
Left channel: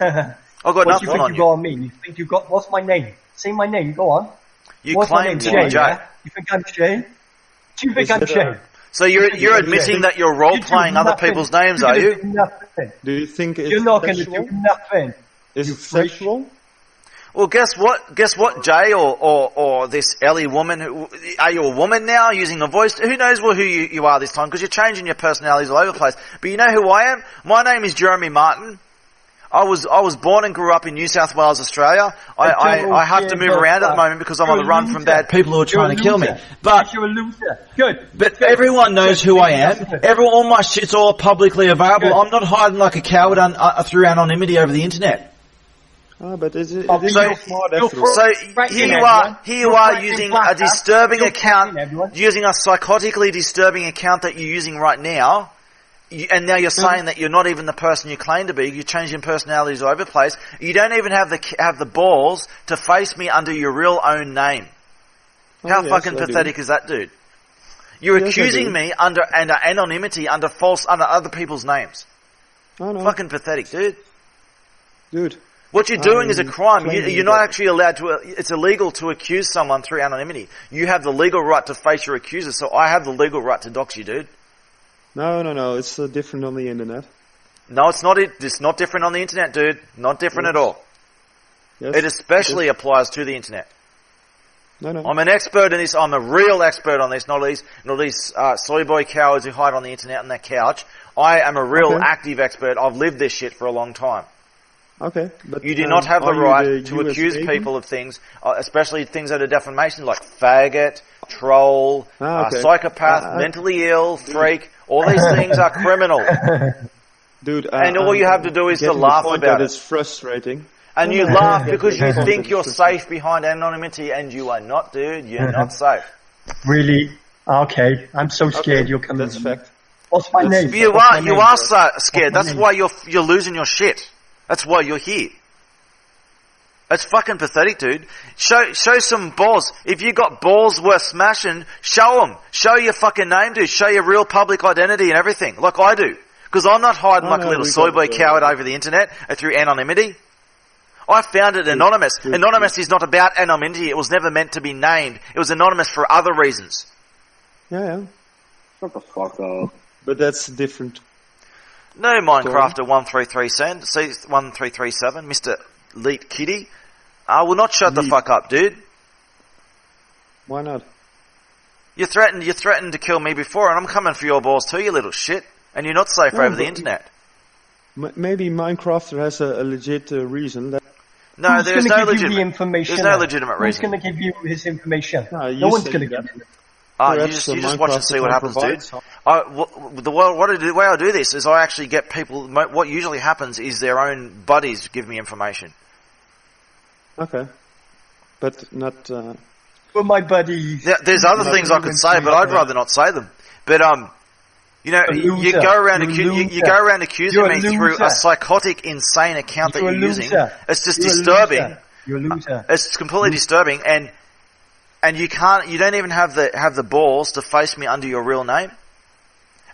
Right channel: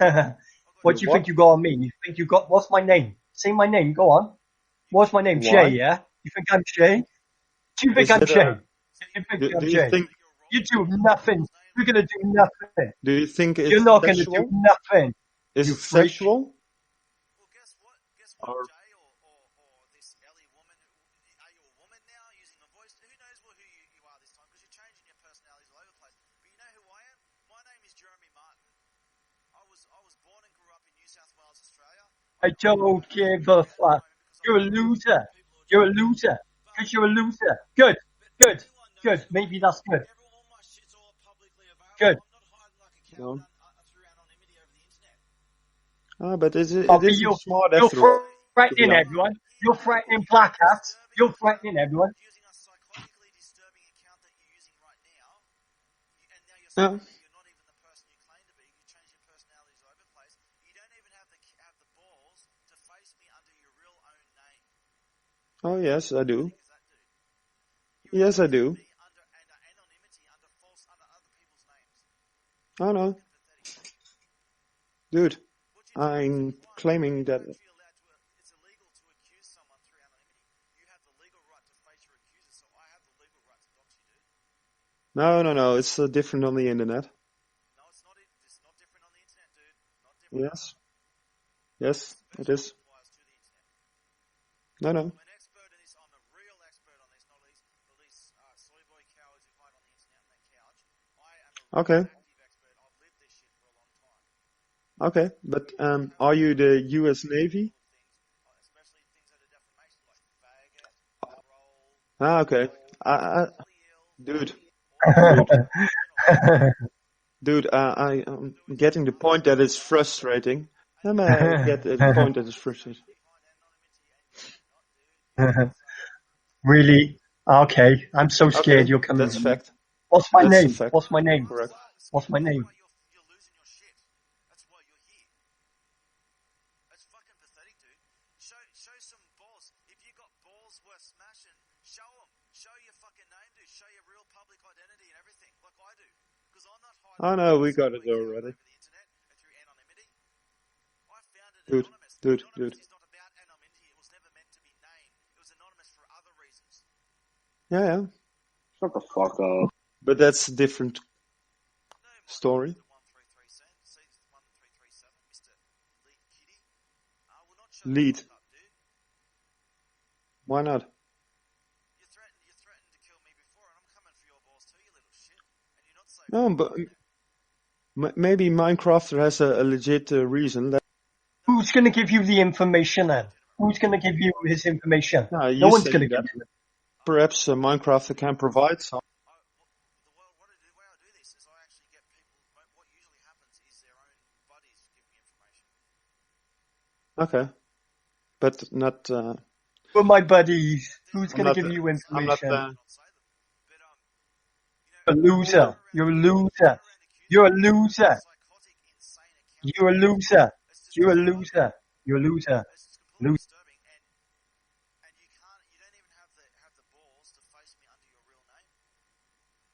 I've got what do you think you got on me? You think you got, what's my name? Say my name, go on. What's my name? Shay, yeah? You think I'm Shay? Do you think I'm Shay? So you're admitting that you're role-playing other people's names, are you? Do you think it's You're not going to do nothing. Is it sexual? Well, guess what, Jay, or this Ellie woman, are you a woman now, using a voice? Who knows who you are this time, because you're changing your personalities all over the place. But you know who I am? My name is Jeremy Martin. I was born and grew up in New South Wales, Australia. I have to move but, around at the moment because I'm on the run from loser. bad people who are You're trying to kill me. loser. But You're a loser. Good. But Good. everyone knows Good. who I Maybe am. that's good. All my shit's all publicly available. Good. I'm not hiding like a coward through anonymity over the internet. But it is So smart you're after all. So threatening everyone. here you You're are threatening using Black a disturbing You're account, threatening everyone. using a psychotically disturbing account that you're using right now, and now you're saying that you're not even the person you claim to be. You're changing personalities all over the place. You don't even have the balls to face me under your real own name. How yes, fucking I do. pathetic is that, dude? You're Yes, I accusing do. me under anonymity, under other people's names. Oh, no. Fucking pathetic, Dude. What you're doing is a I'm crime. claiming You're not that- actually allowed to. It's illegal to accuse someone through anonymity. You have the legal right to face your accuser, so I have the legal right to dox you, dude. No. It's different on the internet. No, it's not. It's not different on the internet, dude. Not different at Yes. all. Yes. It especially is. applies to the internet. No. I'm an expert in this. I'm a real expert on this. Not these soy boy cowards who hide on the internet on their couch. I am a real Okay. active expert. I've lived this shit for a long time. Okay, but You do not have the are you right the to US accuse Navy? people of things, especially things that are defamation, like faggot, troll, Okay. psychopath, mentally ill, freak. All these things are criminal. Dude, And all I'm you have to do is to getting laugh the point about that it. it's frustrating. And No, you no, I laugh get because the you point think that you're it's frustrating. safe behind anonymity, and you are not, dude. You're not safe. Really? Okay. I'm so scared you're coming. That's fact. What's my name? You What's my are name? scared. What's my That's name? why you're losing your shit. That's why you're here. It's fucking pathetic, dude. Show some balls. If you got balls worth smashing, show them. Show your fucking name, dude. Show your real public identity and everything, like I do. Because I'm not hiding like a little soy boy coward over the internet through anonymity. I found it anonymous. Anonymous is not about anonymity. It was never meant to be named. It was anonymous for other reasons. Yeah. Shut the fuck up. But that's different. No, Minecrafter 1337, Mr. Leet Kitty. I will not shut the fuck up, dude. Why not? You threatened to kill me before, and I'm coming for your balls too, you little shit. And you're not safe No, over the but- internet. Maybe Minecrafter has a legit reason. That No, Who's there's going to no give you the legitimate. information? There's no then? legitimate Who's reason. going to give you his information? No, you No one's say going to that. give you it. You perhaps just watch and Minecraft see what can happens, provide dude. some. The way I do this is I actually get people. What usually happens is their own buddies give me information. Okay. But not... But my buddies. There's other things I could say, but I'd rather not say them. But you know, A you loser. go around You're a you go around accusing You're a me through loser. a psychotic, insane account You're a that you're using. loser. It's just You're a disturbing. loser. You're a loser. It's completely disturbing, and you don't even have the balls to face me under your real name.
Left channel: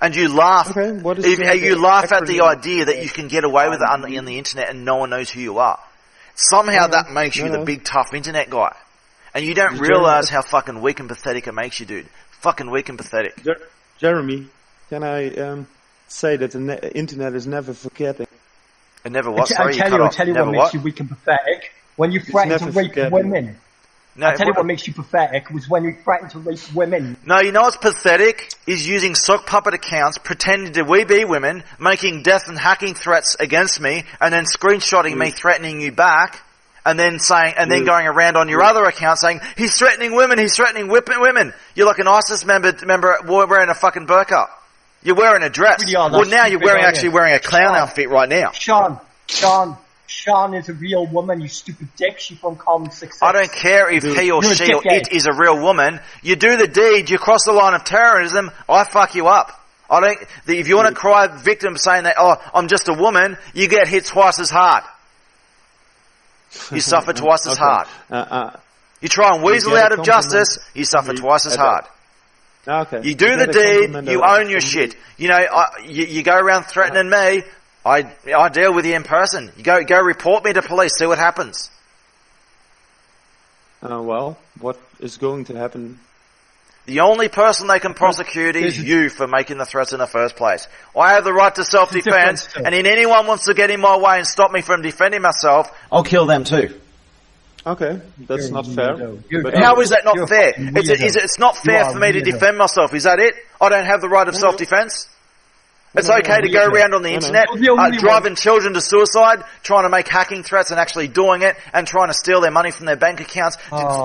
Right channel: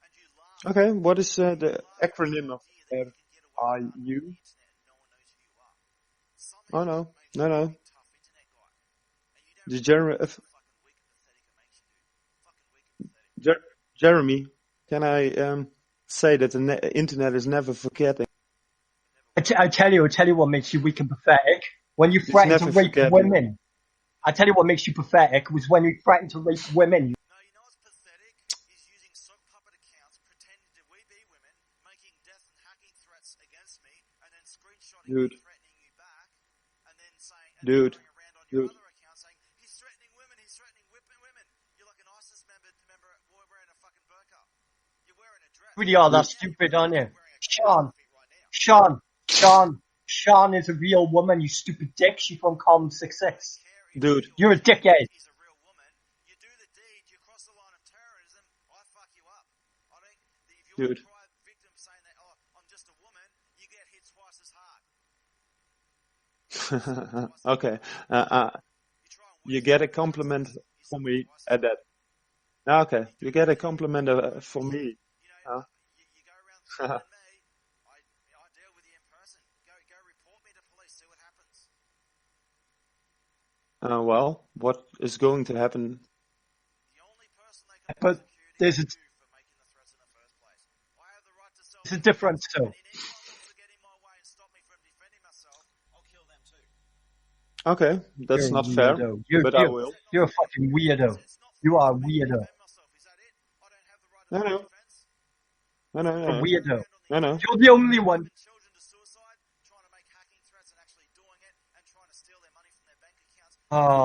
And you laugh. Okay, what is you laugh at the acronym idea that you can get away with it on the internet and no one knows who you are. Somehow that makes you the big tough internet guy, and you don't realize how fucking weak and pathetic it makes you, dude. Fucking weak and pathetic. Jeremy, can I say that the internet is never forgetting? It never was. I'll tell you what makes you weak and pathetic. When you threaten to never rape forgetting. women. No, I'll tell you what makes you pathetic was when you threatened to rape women. No, you know what's pathetic? Is using sock puppet accounts, pretending to be women, making death and hacking threats against me, and then screenshotting me threatening you back, and then then going around on your other account saying, he's threatening women, he's threatening women. You're like an ISIS member wearing a fucking burqa. You're wearing a dress. Really are, Well, that's now you're stupid, aren't actually you? wearing a clown Sean. outfit right now. Sean is a real woman, you stupid dick. She's from Common 66. I don't care if he or You're a she or dickhead. it is a real woman. You do the deed, you cross the line of terrorism, I fuck you up. If you want to cry victim saying that, oh, I'm just a woman, you get hit twice as hard. You suffer twice as hard. You try and weasel get a out of justice, compliment you suffer from me twice as at hard. Okay. You do get the a deed, compliment you own your from shit. me. You know, you go around threatening me, I deal with you in person. You go report me to police, see what happens. Well, what is going to happen? The only person they can prosecute is you for making the threats in the first place. I have the right to self-defense, and if anyone wants to get in my way and stop me from defending myself, I'll kill them too. Okay, that's not fair. But how is that not You're a fair? fucking It's weirdo. not You fair are for me to weirdo. defend myself. Is that it? I don't have the right of self-defense? It's okay to go around on the internet, driving children to suicide, trying to make hacking threats and actually doing it, and trying to steal their money from their bank accounts,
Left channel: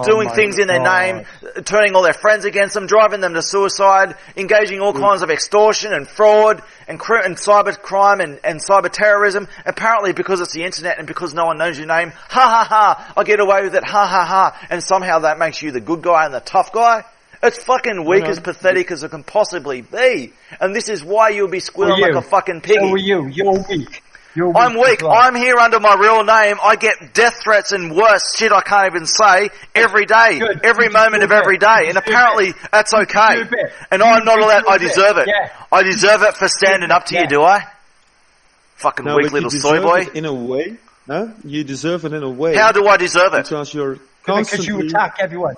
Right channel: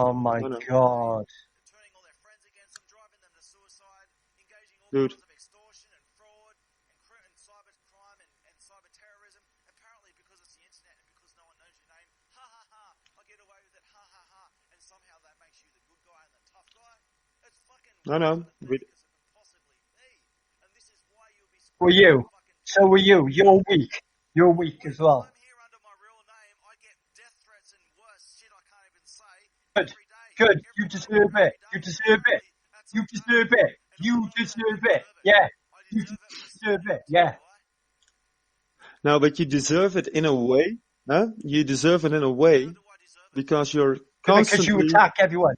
doing things in their name, turning all their friends against them, driving them to suicide, engaging all kinds of extortion and fraud and cyber crime and cyber terrorism. Apparently because it's the internet and because no one knows your name, ha ha ha, I get away with it, ha ha ha, and somehow that makes you the good guy and the tough guy. It's fucking weak as pathetic as it can possibly be. And this is why you'll be squealing like a fucking pig. So are you. You're weak. I'm weak. Well. I'm here under my real name. I get death threats and worse shit I can't even say every day. Good. Every moment of every day. And apparently that's okay. And I'm not allowed. I deserve it. Yeah. I deserve it for standing up to you, do I? Fucking weak little soy boy. You deserve it in a way. Huh? You deserve it in a way. How do I deserve it? Because you're constantly... Because you attack everyone.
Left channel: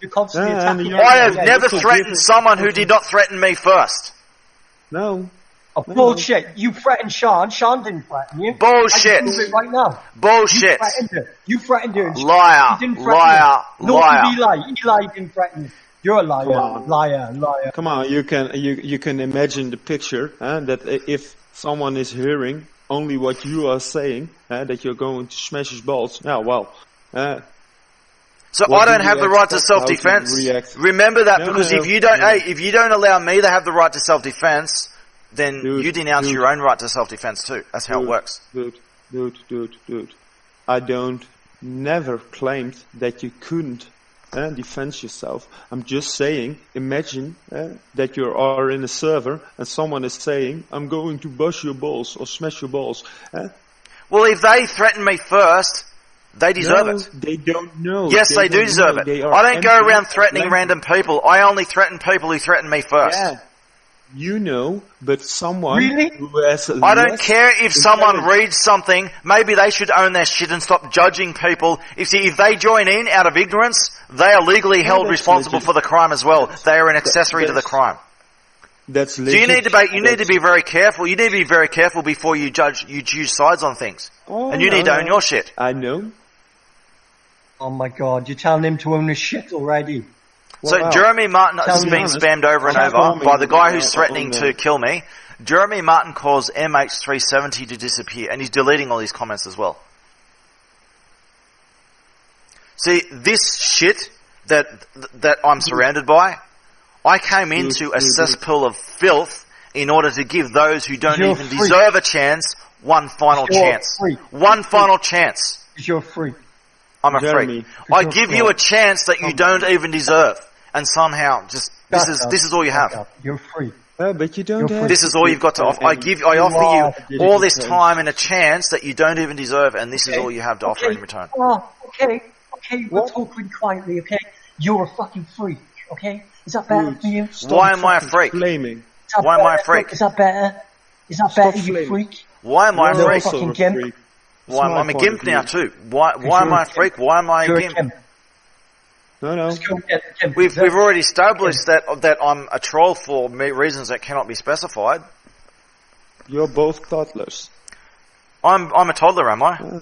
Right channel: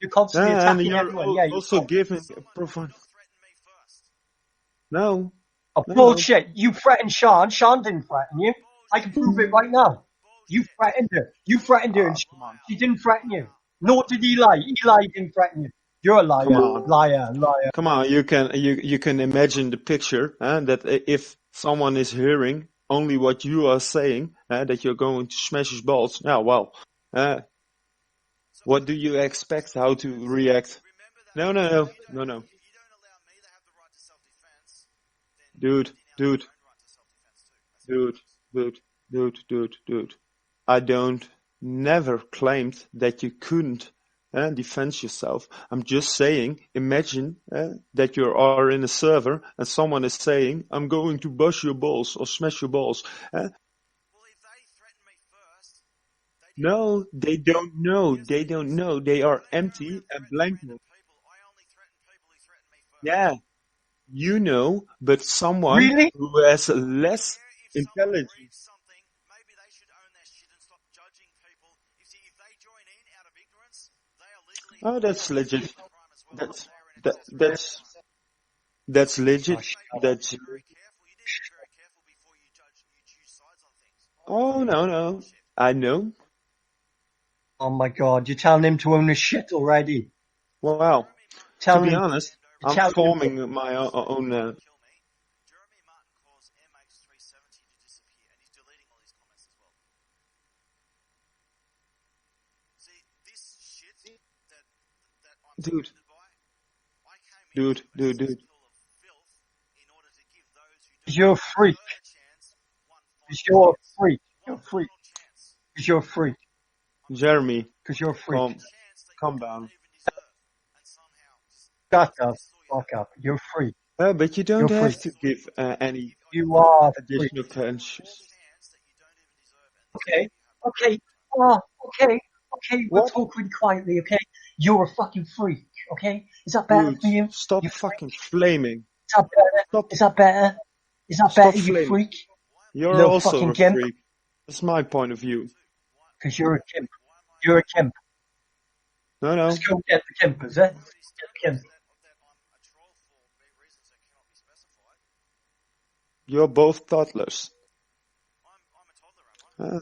You're constantly attacking everyone. I have never threatened someone who did not threaten me first. No. Oh, bullshit. You threatened Sean. Sean didn't threaten you. Bullshit. I can prove it right now. Bullshit. You threatened her. Liar. He didn't threaten liar. you. Nor liar. did Eli. Eli didn't threaten you. You're a liar. Liar. Come on, you can imagine the picture that if someone is hearing only what you are saying, that you're going to smash his balls. Yeah, well... So I don't have the right to self-defense. Remember that, because if you don't allow me to have the right to self-defense, then you denounce your own right to self-defense too. That's how it works. Dude. I never claimed that you couldn't defend yourself. I'm just saying, imagine that you are in a server and someone is saying, I'm going to bust your balls or smash your balls. Well, if they threaten me first... They deserve it. They don't know. Yes, they do deserve it. I don't go around threatening random people. I only threaten people who threaten me first. Yeah. You know, but someone who has I don't care if someone reads something, maybe they should own their shit and stop judging people. If they join in out of ignorance, they are legally held responsible for the crime as well. They are an accessory to the crime. That's legit. So you need to be very careful. You need to be very careful before you choose sides on things. And you need to own your shit. I know. Oh my god, you're telling him to own his shit already. So Jeremy Martin is being spammed over and over by the guy who's threatening to kill me. Jeremy Martin calls MH370 to disappear, and he's deleting all these comments as well. See, this shit that I'm surrounded by, I came into a cesspool of filth in order to give those who don't even deserve a chance one final chance. One final chance. Because you're free. I'm a freak. I give you a chance that you don't even deserve, and somehow this is all you have. You're free. But you don't have. This is all you've got to offer. I offer you all this time and a chance that you don't even deserve, and this is all you have to offer in return. Oh, okay, we're talking quietly, okay? You're a fucking freak, okay? Is that better for you? Why am I a freak? Flaming. Why am I a freak? Is that better? Is that better, you freak? Why am I a freak? Why, I'm a gimp now too. Why am I a freak? Why am I a gimp? No. We've already established that I'm a troll for reasons that cannot be specified. You're both toddlers. I'm a toddler, am I?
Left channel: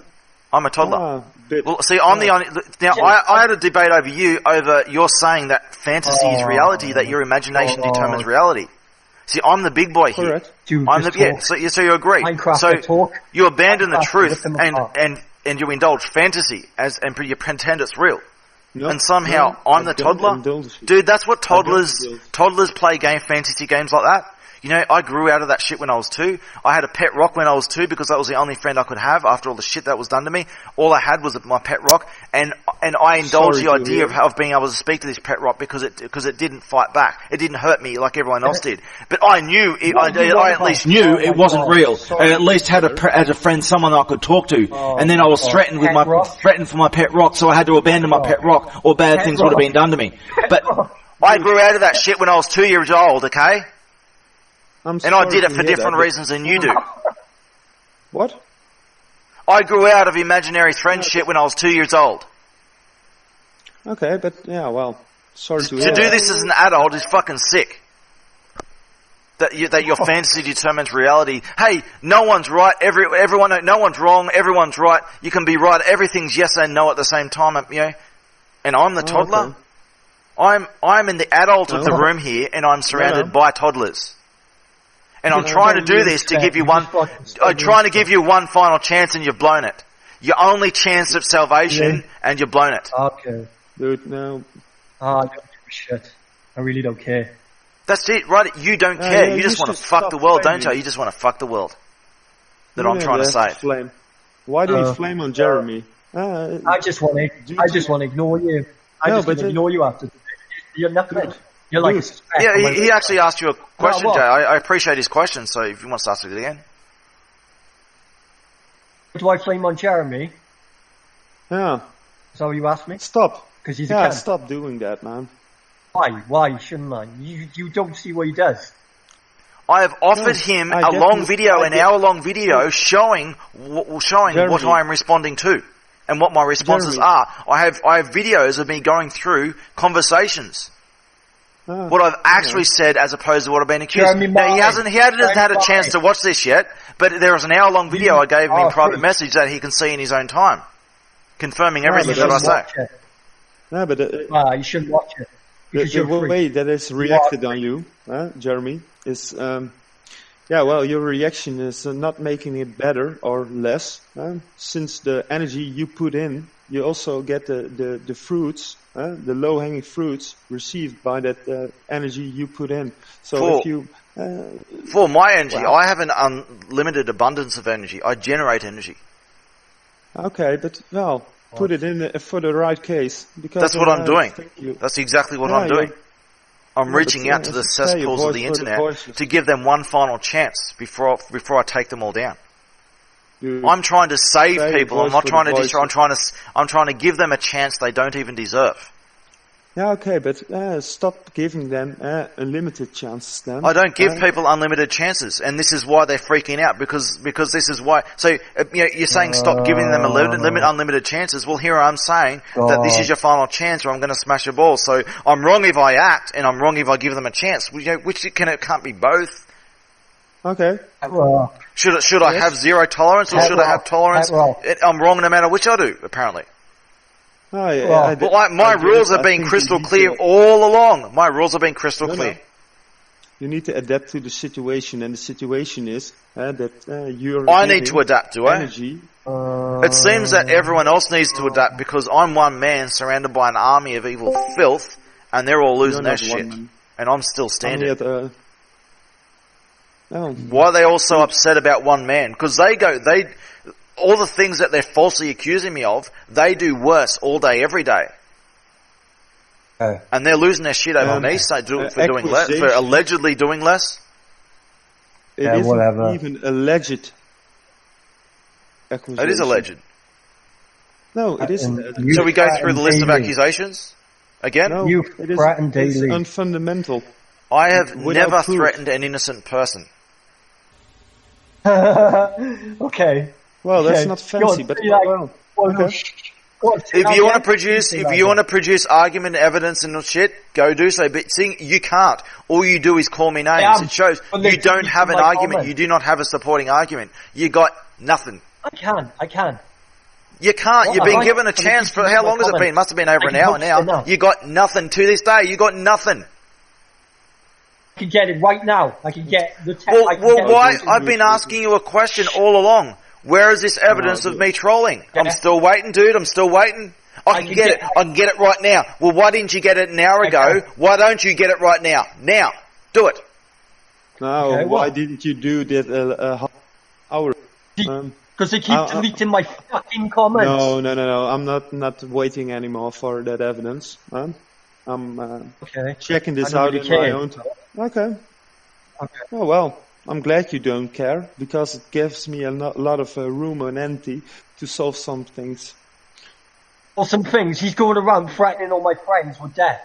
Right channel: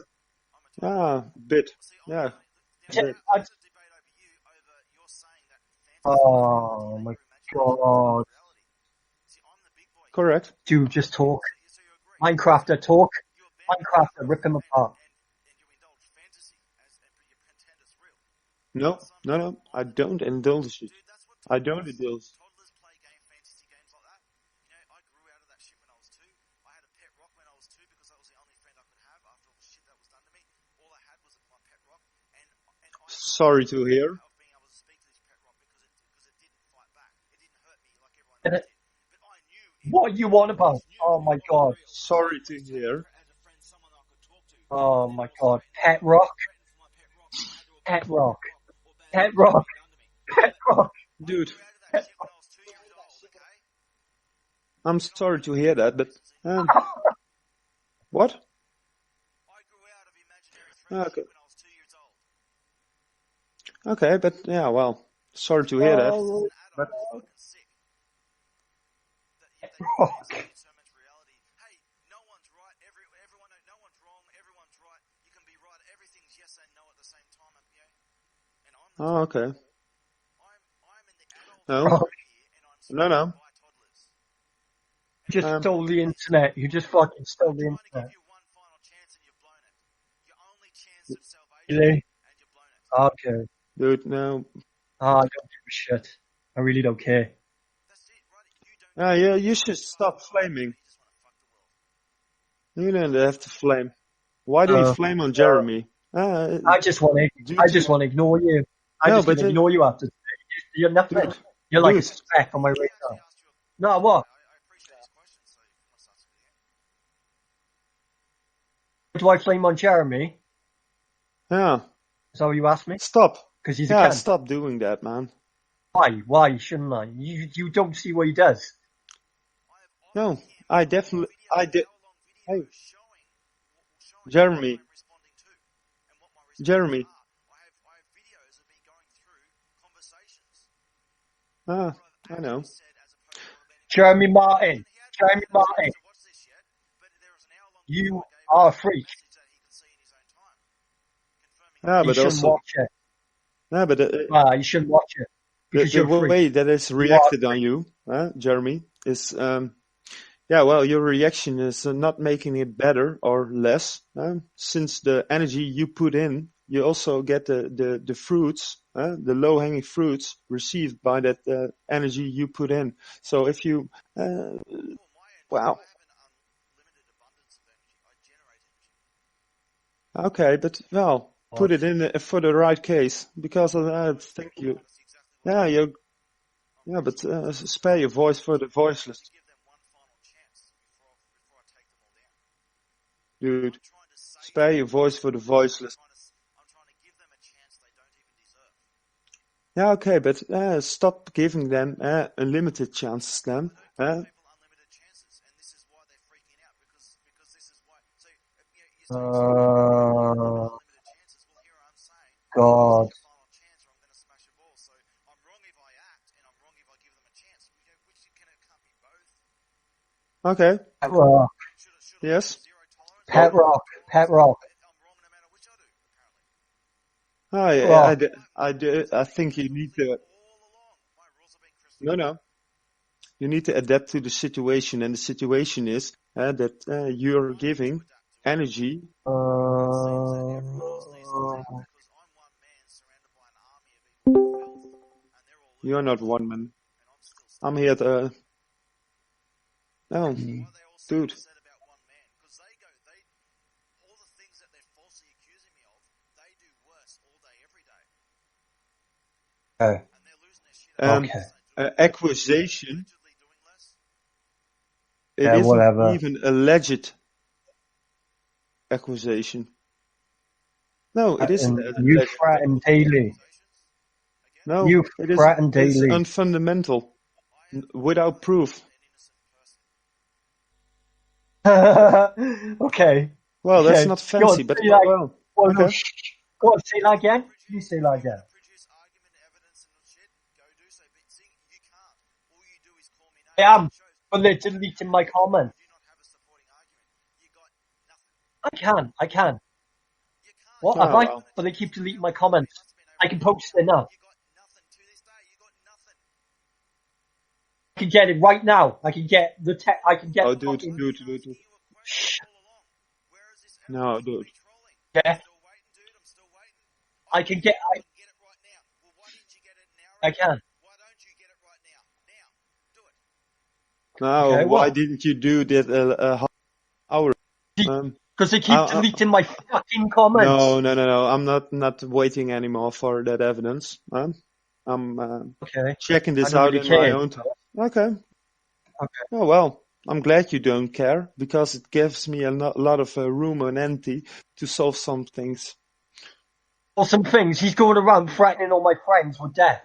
I'm a toddler. Well, see, I'm the only. Now, I had a debate over you're saying that fantasy is reality, that your imagination determines reality. See, I'm the big boy here. Correct. So you agree. You abandon the truth and you indulge fantasy and you pretend it's real. And somehow I'm the toddler. Dude, that's what toddlers play fantasy games like that. You know, I grew out of that shit when I was 2. I had a pet rock when I was 2 because that was the only friend I could have after all the shit that was done to me. All I had was my pet rock, and I indulged the idea of being able to speak to this pet rock because it didn't fight back. It didn't hurt me like everyone else did. But I knew I at least knew it wasn't real. And at least had a friend, someone I could talk to. And then I was threatened for my pet rock, so I had to abandon my pet rock, or bad things would have been done to me. But I grew out of that shit when I was 2 years old. Okay. And I did it for different reasons than you do. What? I grew out of imaginary friendship when I was 2 years old. Okay, but sorry to hear that. To do this as an adult is fucking sick. That your fantasy determines reality. Hey, no one's right. No one's wrong. Everyone's right. You can be right. Everything's yes and no at the same time. You know. And I'm the toddler. Okay. I'm in the adult of the room here, and I'm surrounded by toddlers. And I'm Just trying to don't do really this to expect- give you you one. just fucking I'm don't trying to really give you one final chance, and you've blown it. Your only chance of salvation, and you've blown it. Okay. Dude, no. I don't give a shit. I really don't care. That's it, right? You don't Yeah, care. yeah, you just you want to should fuck stop the world, flaming. don't you? You just want to fuck the world. That You I'm don't trying to have say. Flame. Why do you flame on Jeremy? I just want to ignore you. I No, just want but to ignore you after today. You're nothing. You're like a speck on my Yeah, he radar. actually asked you a question, what? Jay. I appreciate his question, so if you want to ask it again. Do I flame on Jeremy? Yeah. Is that what you asked me? Stop. Because he's a Yeah, cunt. stop doing that, man. Why? Why shouldn't I? You don't see what he does. I have offered No, him I a long definitely- video, I an get- hour-long video, showing Jeremy. what I am responding to and what my responses Jeremy. are. I have videos of me going through conversations. What I've actually said as opposed to what I've been accused. Jeremy Now, he Martin. hadn't had Jeremy a chance Martin. to watch this yet, but there was an hour-long video I gave him are in a private freak. message that he can see in his own time, confirming Yeah, everything but that I that's say. Watch it. No, but You shouldn't watch it. Because the you're a freak. way that is reacted on you, Jeremy, is your reaction is not making it better or less. Since the energy you put in, you also get the fruits, the low-hanging fruits received by that energy you put in. So Cool. if you For my energy, Wow. I have an unlimited abundance of energy. I generate energy. okay, but put it in for the right case because That's what I'm doing. think you- That's exactly what Yeah, I'm doing. you're- I'm Yeah, reaching but, out to the spare your cesspools voice of the for the internet voiceless. to give them one final chance before I take them all down. Dude, I'm trying to save spare your people. I'm voice not for trying the to destroy. voiceless. I'm trying to give them a chance they don't even deserve. Yeah, okay, but stop giving them unlimited chances then. I don't give people unlimited chances, and this is why they're freaking out because this is why. So you're saying stop giving them unlimited chances. Well, here I'm saying that this is your final chance, or I'm going to smash your balls. So I'm wrong if I act, and I'm wrong if I give them a chance. Which it can't be both. Okay. Should I Yes. have zero tolerance, or Hat should I have rock. tolerance? Hat rock. I'm wrong no matter which I do. Apparently. Oh, yeah, Well, my rules have been crystal clear all along. My rules have been crystal clear. You need to adapt to the situation, and the situation is that you're I need giving to adapt, do I? energy. It seems that everyone else needs to adapt because I'm one man surrounded by an army of evil filth, and they're all losing You're their not one shit, man. and I'm still I'm standing. here to... Why are they all so upset about one man? Because all the things that they're falsely accusing me of, they do worse all day, every day. And they're losing their shit over me for doing less, for accusation. allegedly doing less. It Yeah, isn't whatever. even alleged accusation. It is alleged. No, it isn't. You So we go through the list of daily. accusations again. No, You it is threaten it's daily. unfundamental. I have without never proof. threatened an innocent person. Okay. Well, that's Okay. not fancy, God, but say that. well, No, okay. God, say If that you want again. to produce, Say if that you want to again. produce argument, evidence, and shit, go do so. But see, you can't. All you do is call me names. am, It shows but they you don't deleted have an my argument. comment. You do not have a supporting argument. You got nothing. I can. You can't. Well, You've been I- given a but they chance keep for deleting how my long has it been? comments. Must have been over I an can hour post now. it now. You got nothing to this day. You got nothing. I can get it right now. I can get the text. Well, I can get why? it. I've been asking you a question all along. Where is this evidence of me trolling? I'm still waiting, dude. I'm still waiting. I can get it. I can get it right now. Well, why didn't you get it an hour ago? can. Why don't you get it right now? Now, do it. Now, Okay, why well. didn't you do that half hour? Because they keep deleting my fucking comments. No. I'm not waiting anymore for that evidence. I'm Okay. checking this I don't out really in my care. own time. Okay. Oh well, I'm glad you don't care because it gives me a lot of room and empty to solve some things. Or some things. He's going around threatening all my friends with death.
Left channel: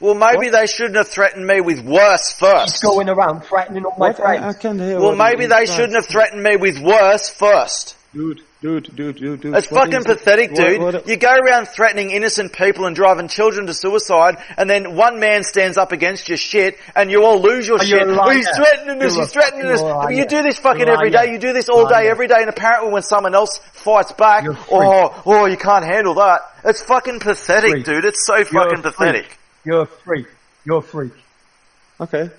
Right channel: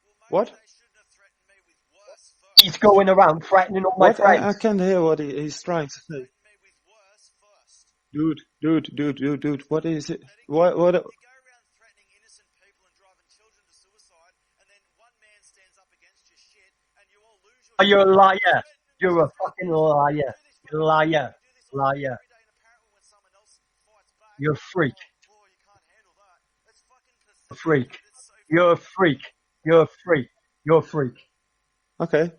Well, maybe What? they shouldn't have threatened me with worse first. He's going around threatening all my What? friends. I can't hear Well, what maybe he's they trying shouldn't to have say. threatened me with worse first. Dude. It's what fucking is it? pathetic, dude. What- You go around threatening innocent people and driving children to suicide, and then one man stands up against your shit, and you all lose your Are you shit. a liar? He's threatening us, You're a he's threatening fucking us. liar. You do this fucking Liar. every day, you do this all day, Liar. every day, and apparently when someone else fights back, You're a freak. oh, you can't handle that. It's fucking pathetic, Freak. dude. It's so You're fucking a pathetic. freak. You're a freak. You're a freak. Okay.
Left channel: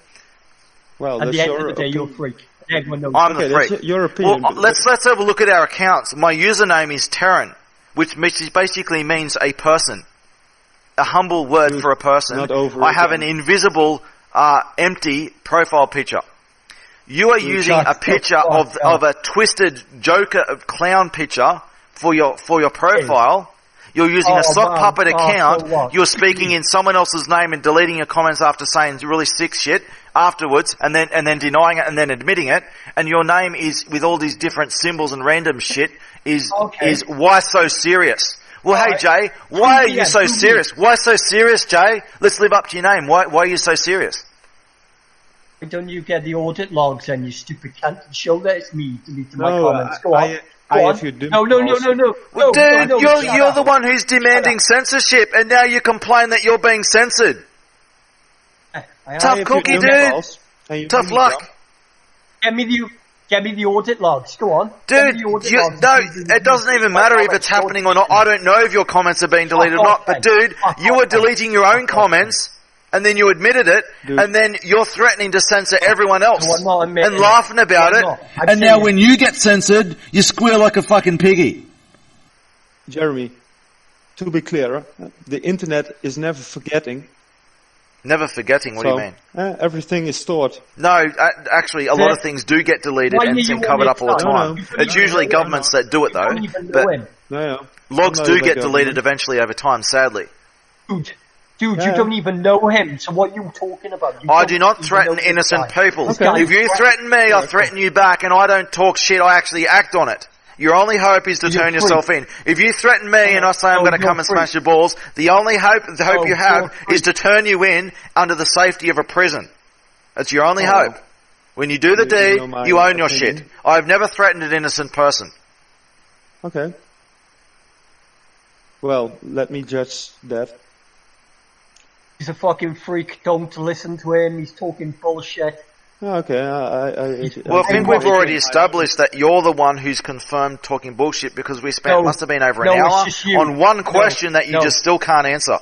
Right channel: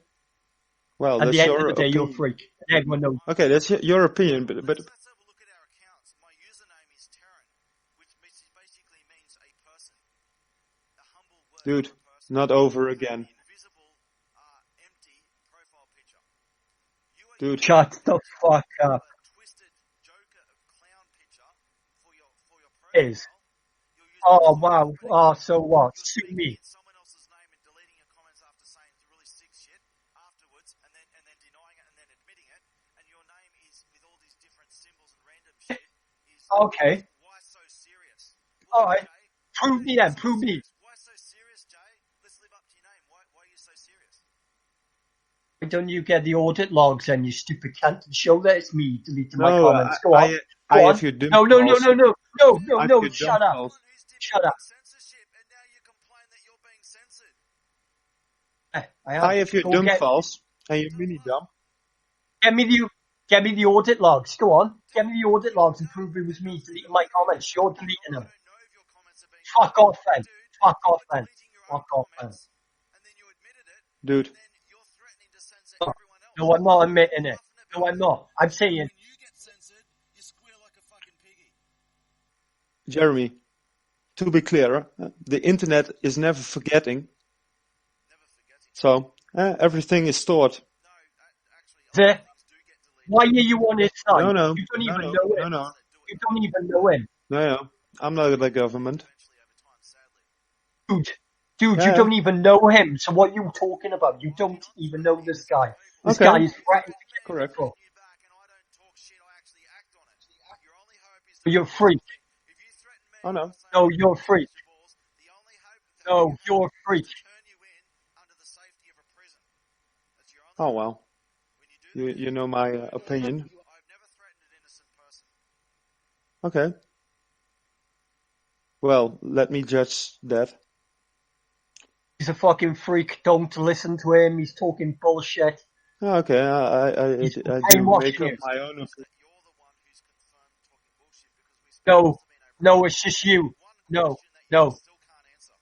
Well, At that's the end your of the day, you're a opinion. freak. Everyone knows. I'm Okay, the that's freak. your opinion. Well, but- let's have a look at our accounts. My username is Terran, which basically means a person. A humble word Dude, for a person. not over I have again. an invisible, empty profile picture. You are Dude, using shut a the picture fuck of up. a twisted Joker clown picture for your profile. You're using a Oh, sock man. puppet Oh, account. so what? You're speaking in someone else's name and deleting your comments after saying really sick shit afterwards, and then denying it and then admitting it. And your name is with all these different symbols and random shit is why so serious? Well, All hey right. Jay, why are Prove me you that, so prove me. serious? Why so serious, Jay? Let's live up to your name. Why are you so serious? Why don't you get the audit logs and you stupid cunt and show that it's me deleting my No, comments? Go on. I Go on. have your dim No. Well, No, dude, no, you're shut the up. one who's demanding censorship, and now you complain that you're being censored. I Tough am. have your cookie, dim dude. calls, and you Tough really luck. dumb. Get me the audit logs. Go on. Get Dude, me the audit you, logs. no, and prove it doesn't even my matter if comments. it's happening or Don't not. I delete don't know if your comments are being Fuck deleted or not. off, But then. dude, Fuck you off, were then. deleting your own Fuck off, comments, and then you admitted it, Dude. and then you're threatening to censor everyone else No, I'm not admitting and laughing it. about No, I'm it. not. I'm And now saying when you get censored, you squeal like a fucking piggy. Jeremy, to be clear, the internet is never forgetting. Never forgetting. What so do you mean? Everything is stored. No, actually, a lot of things do get deleted Why and are you covered on up it, all the son? time. No. It's usually governments that do it You though. don't even know But him. No. logs I'm do not get the deleted government. eventually over time, sadly. Dude, Yeah. you don't even know him. So what are you talking about? You I don't do not even threaten know this innocent guy. people. This guy If is you threaten me, I threaten you back, and I don't talk shit, I actually act on it. Your only hope is to You're turn free. yourself in. If you threaten me and I say I'm No, going to you're come and free. smash your balls, the only hope No, you have you're free. is to turn you in under the safety of a prison. That's your only Oh, hope. well. When you do the You deed, know my you own your opinion. shit. I've never threatened an innocent person. Okay. Well, let me judge that. He's a fucking freak. Don't listen to him. He's talking bullshit. Okay, Well, I think what we've we already do. established that you're the one who's confirmed talking bullshit because we spent, No. must have been over an No, hour it's just you. on one No. question that you No. just still can't answer.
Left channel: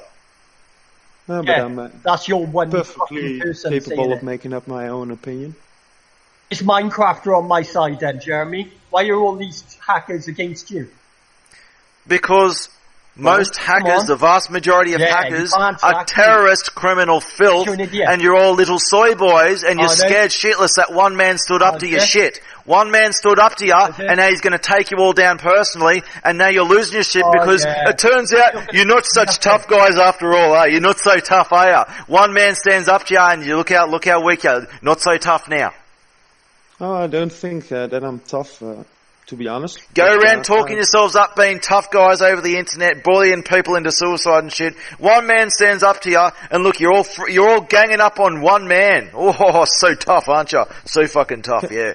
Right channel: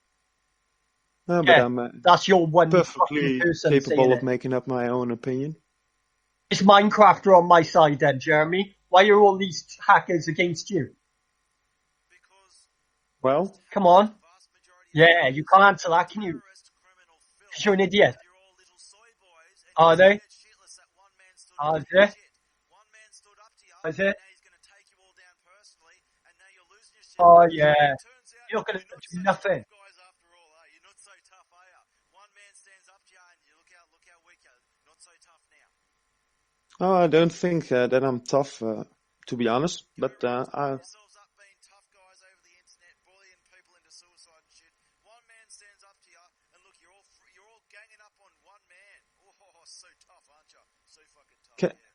No, but Yeah, I'm that's your one perfectly fucking person capable saying of it. making up my own opinion. Is Minecrafter on my side then, Jeremy? Why are all these hackers against you? Because Well, most come hackers, on. the vast majority of Yeah, you hackers, can't are hack me. terrorist, criminal filth, You're an idiot. and you're all little soy boys, and you're Are they? scared shitless that one man stood up Are to your they? shit. One man stood up to you, they? and now he's going to take you all down personally, and now you're losing your shit Oh, because yeah. it turns out you're not such nothing. tough guys after all, are you? You're not so tough, are you? One man stands up to you, and you look how weak you are. Not so tough now. Oh, I don't think that I'm tough, to be honest. Go But, around talking yourselves up, being tough guys over the internet, bullying people into suicide and shit. One man stands up to you, and look, you're all ganging up on one man. Oh, so tough, aren't you? So fucking tough, yeah.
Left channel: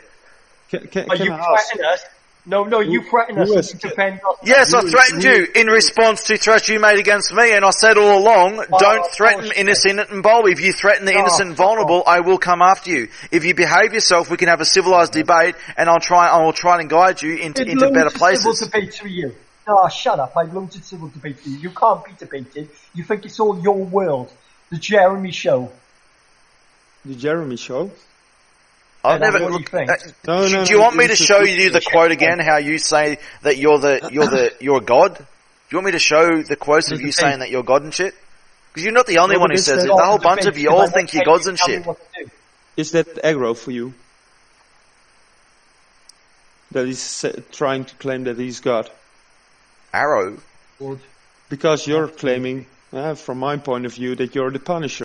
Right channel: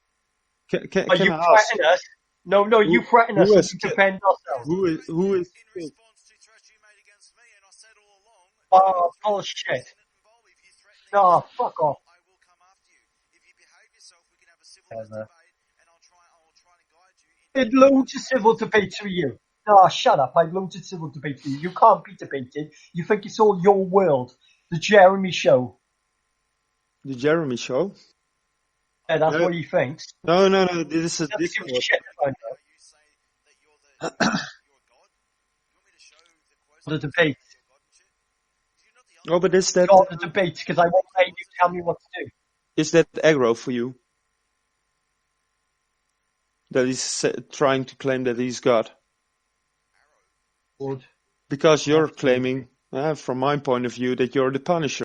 Can You I ask? threaten us. No, you threaten us. who So is- you defend us. Yes, I Who- threatened who- you in response to threats you made against me, and I said all along, don't threaten bullshit. innocent and vulnerable. If you threaten the Oh, innocent and fuck vulnerable, I will come after you. If you behave yourself, we can have a civilized debate, and I will try and guide you into Did better loads of civil places. debates for you. Oh, shut up. I've loads of civil debates for you. You can't be debated. You think it's all your world. The Jeremy Show. The Jeremy Show? I've that's never- what you think. No, no, Do you no, want me to this is show ridiculous. you the quote again? How you say that you're a god? Do you want me to show the quotes of The you debate. saying that you're God and shit? Because you're not the only No, one but who it's says that- it. The whole bunch of you all Because I think you're won't gods and tell me shit. what to do. Is that aggro for you? That he's trying to claim that he's God? Arrow. Because you're claiming, from my point of view, that you're the Punisher.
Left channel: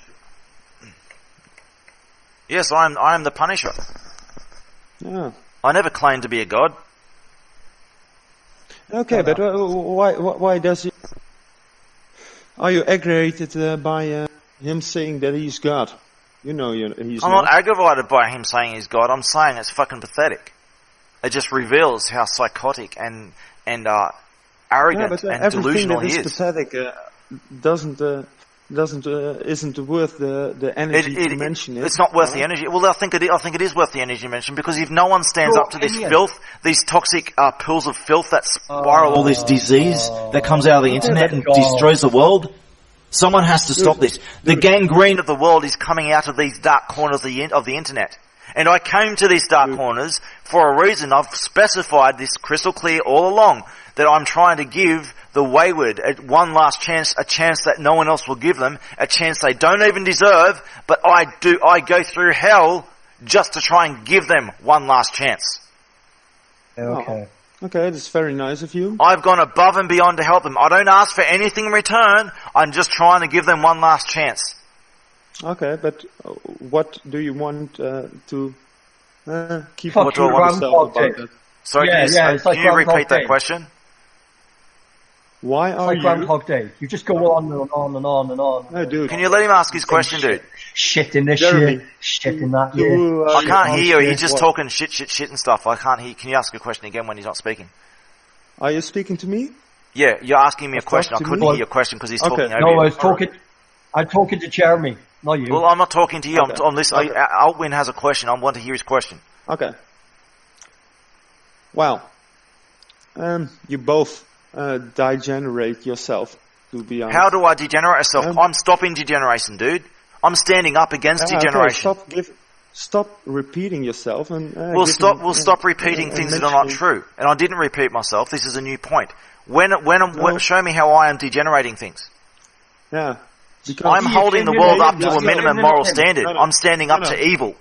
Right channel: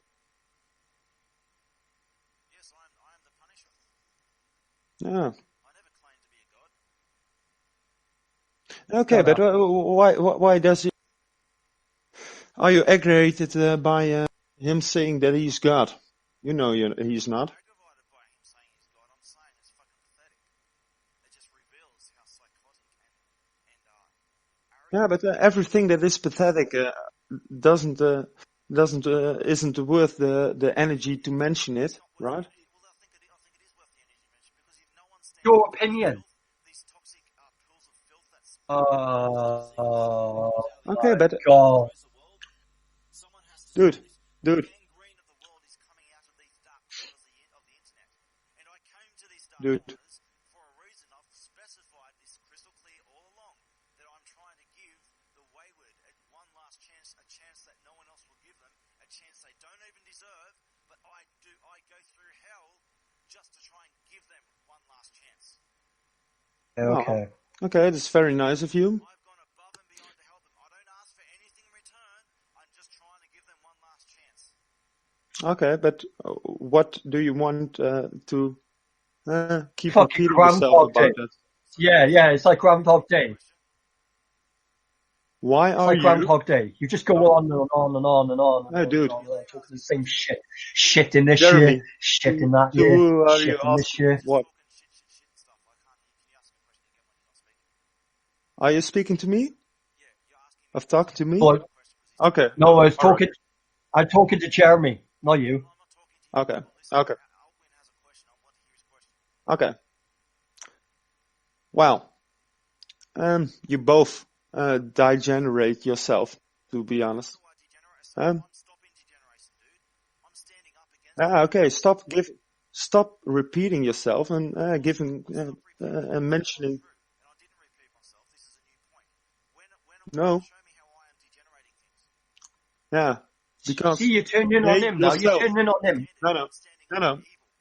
Yes, I am the Punisher. Yeah. I never claimed to be a god. Okay, but why does he... Are you aggravated by him saying that he's God? You know he's I'm not. not aggravated by him saying he's God. I'm saying it's fucking pathetic. It just reveals how psychotic and arrogant Yeah, but and everything delusional that is he is. pathetic isn't worth the energy to mention it. It's not worth right? the energy. Well, I think it is worth the energy mentioned because if no one stands Your up to this opinion. filth, these toxic pools of filth that spiral all this disease that comes out of the Okay, internet but and God. destroys the world. Someone has to stop this. The Dude. gangrene of the world is coming out of these dark corners of the internet. And I came to these dark corners for a reason. I've specified this crystal clear all along, that I'm trying to give the wayward one last chance, a chance that no one else will give them, a chance they don't even deserve, but I go through hell just to try and give them one last chance. Okay. Okay, that's very nice of you. I've gone above and beyond to help them. I don't ask for anything in return. I'm just trying to give them one last chance. Okay, but what do you want to keep Fuck talking you, yourself Groundhog about Day. that? Sorry, It's like can you repeat Groundhog that Day. question? Why It's are like you... Groundhog Day. You just go on and on and on and on. No, dude. Can you let him ask his question, dude? Shit in this Jeremy, year, shit in that you, year. I shit can't in hear you. this He's just What? talking shit and stuff. I can't hear. Can you ask a question again when he's not speaking? Are you speaking to me? Yeah, you're asking me a Talk question. I to couldn't me? hear your question because he's Okay. talking over No, you. I'm talking to Jeremy, not you. Well, I'm not talking to you. Okay. I'm listening. Okay. Altwin has a question. I want to hear his question. Okay. Well, you both degenerate yourself, to be honest. How do I degenerate myself? I'm stopping degeneration, dude. I'm standing up against degeneration. Okay, stop repeating yourself and We'll stop repeating things that are not mentioning- true. And I didn't repeat myself. This is a new point. Show me how I am degenerating things. Yeah, because I'm holding the world up to a minimum moral No, no. standard. No, no. I'm standing up No, no. to evil.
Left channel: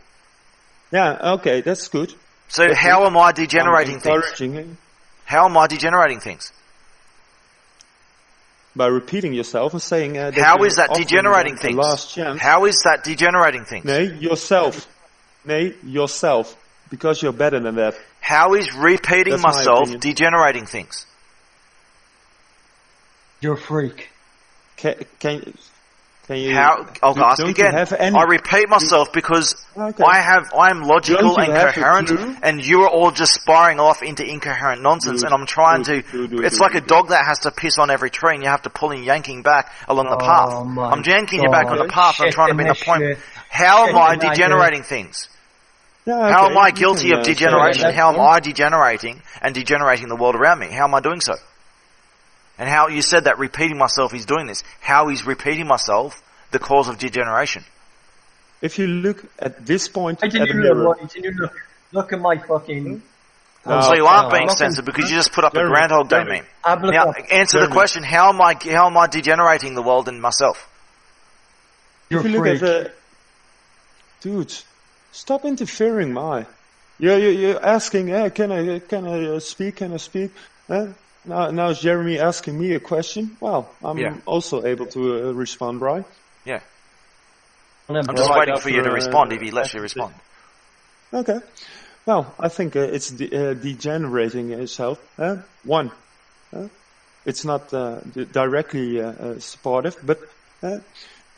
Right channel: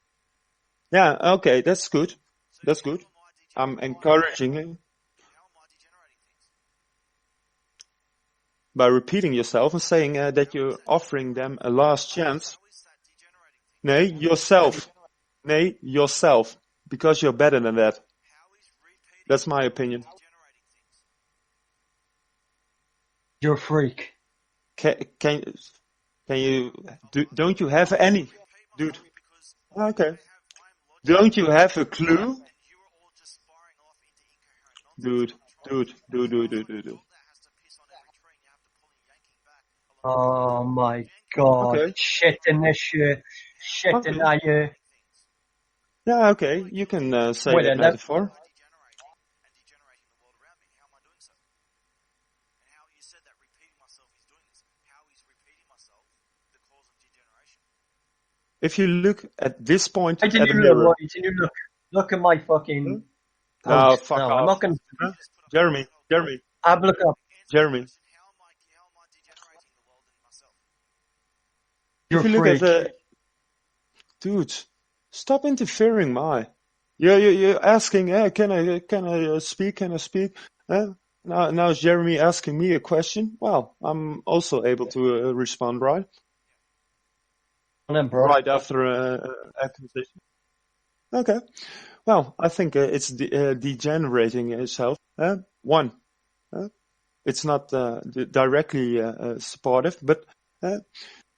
yeah, okay, that's good. So That's how good. am I I'm degenerating things? encouraging you How am I degenerating things? by repeating yourself and saying that How you're is that offering degenerating them things? a last chance. How is that degenerating things? Nay, yourself, because you're better than that. How is repeating That's my myself opinion. degenerating things? You're a freak. Can you? I'll ask don't again. you have any? I repeat myself because Okay. I'm logical Don't you and have a coherent, clue? and you are all just spiraling off into incoherent nonsense. Dude, and I'm trying dude, to. dude, It's dude, like dude, a dog that has to piss on every tree, and you have to pull and yanking back along the Oh path. my I'm yanking you back on the God. path. I'm Shit trying to in make a this point. shit. How am Shit I in that degenerating things? Yeah, How okay, am I you guilty can, of say degeneration? that. How am I degenerating and degenerating the world around me? How am I doing so? And how you said that repeating myself is doing this. How is repeating myself the cause of degeneration? If you look at this point Why at didn't the you mirror, look? Why didn't you look at my fucking... So you aren't being nothing. sensitive because you just put up Jeremy, a Groundhog Day Jeremy. meme. I'm looking Now, up. answer the Jeremy. question: How am I degenerating the world and myself? You're if a you look freak. at the dude, stop interfering, my. You're asking, can I speak? Can I speak? Now is Jeremy asking me a question? Well, I'm Yeah. also able to respond, right? Yeah, And then I'm just Right waiting for you to after, respond if he lets you after- respond. Okay. Well, I think it's degenerating itself. One, it's not directly supportive, but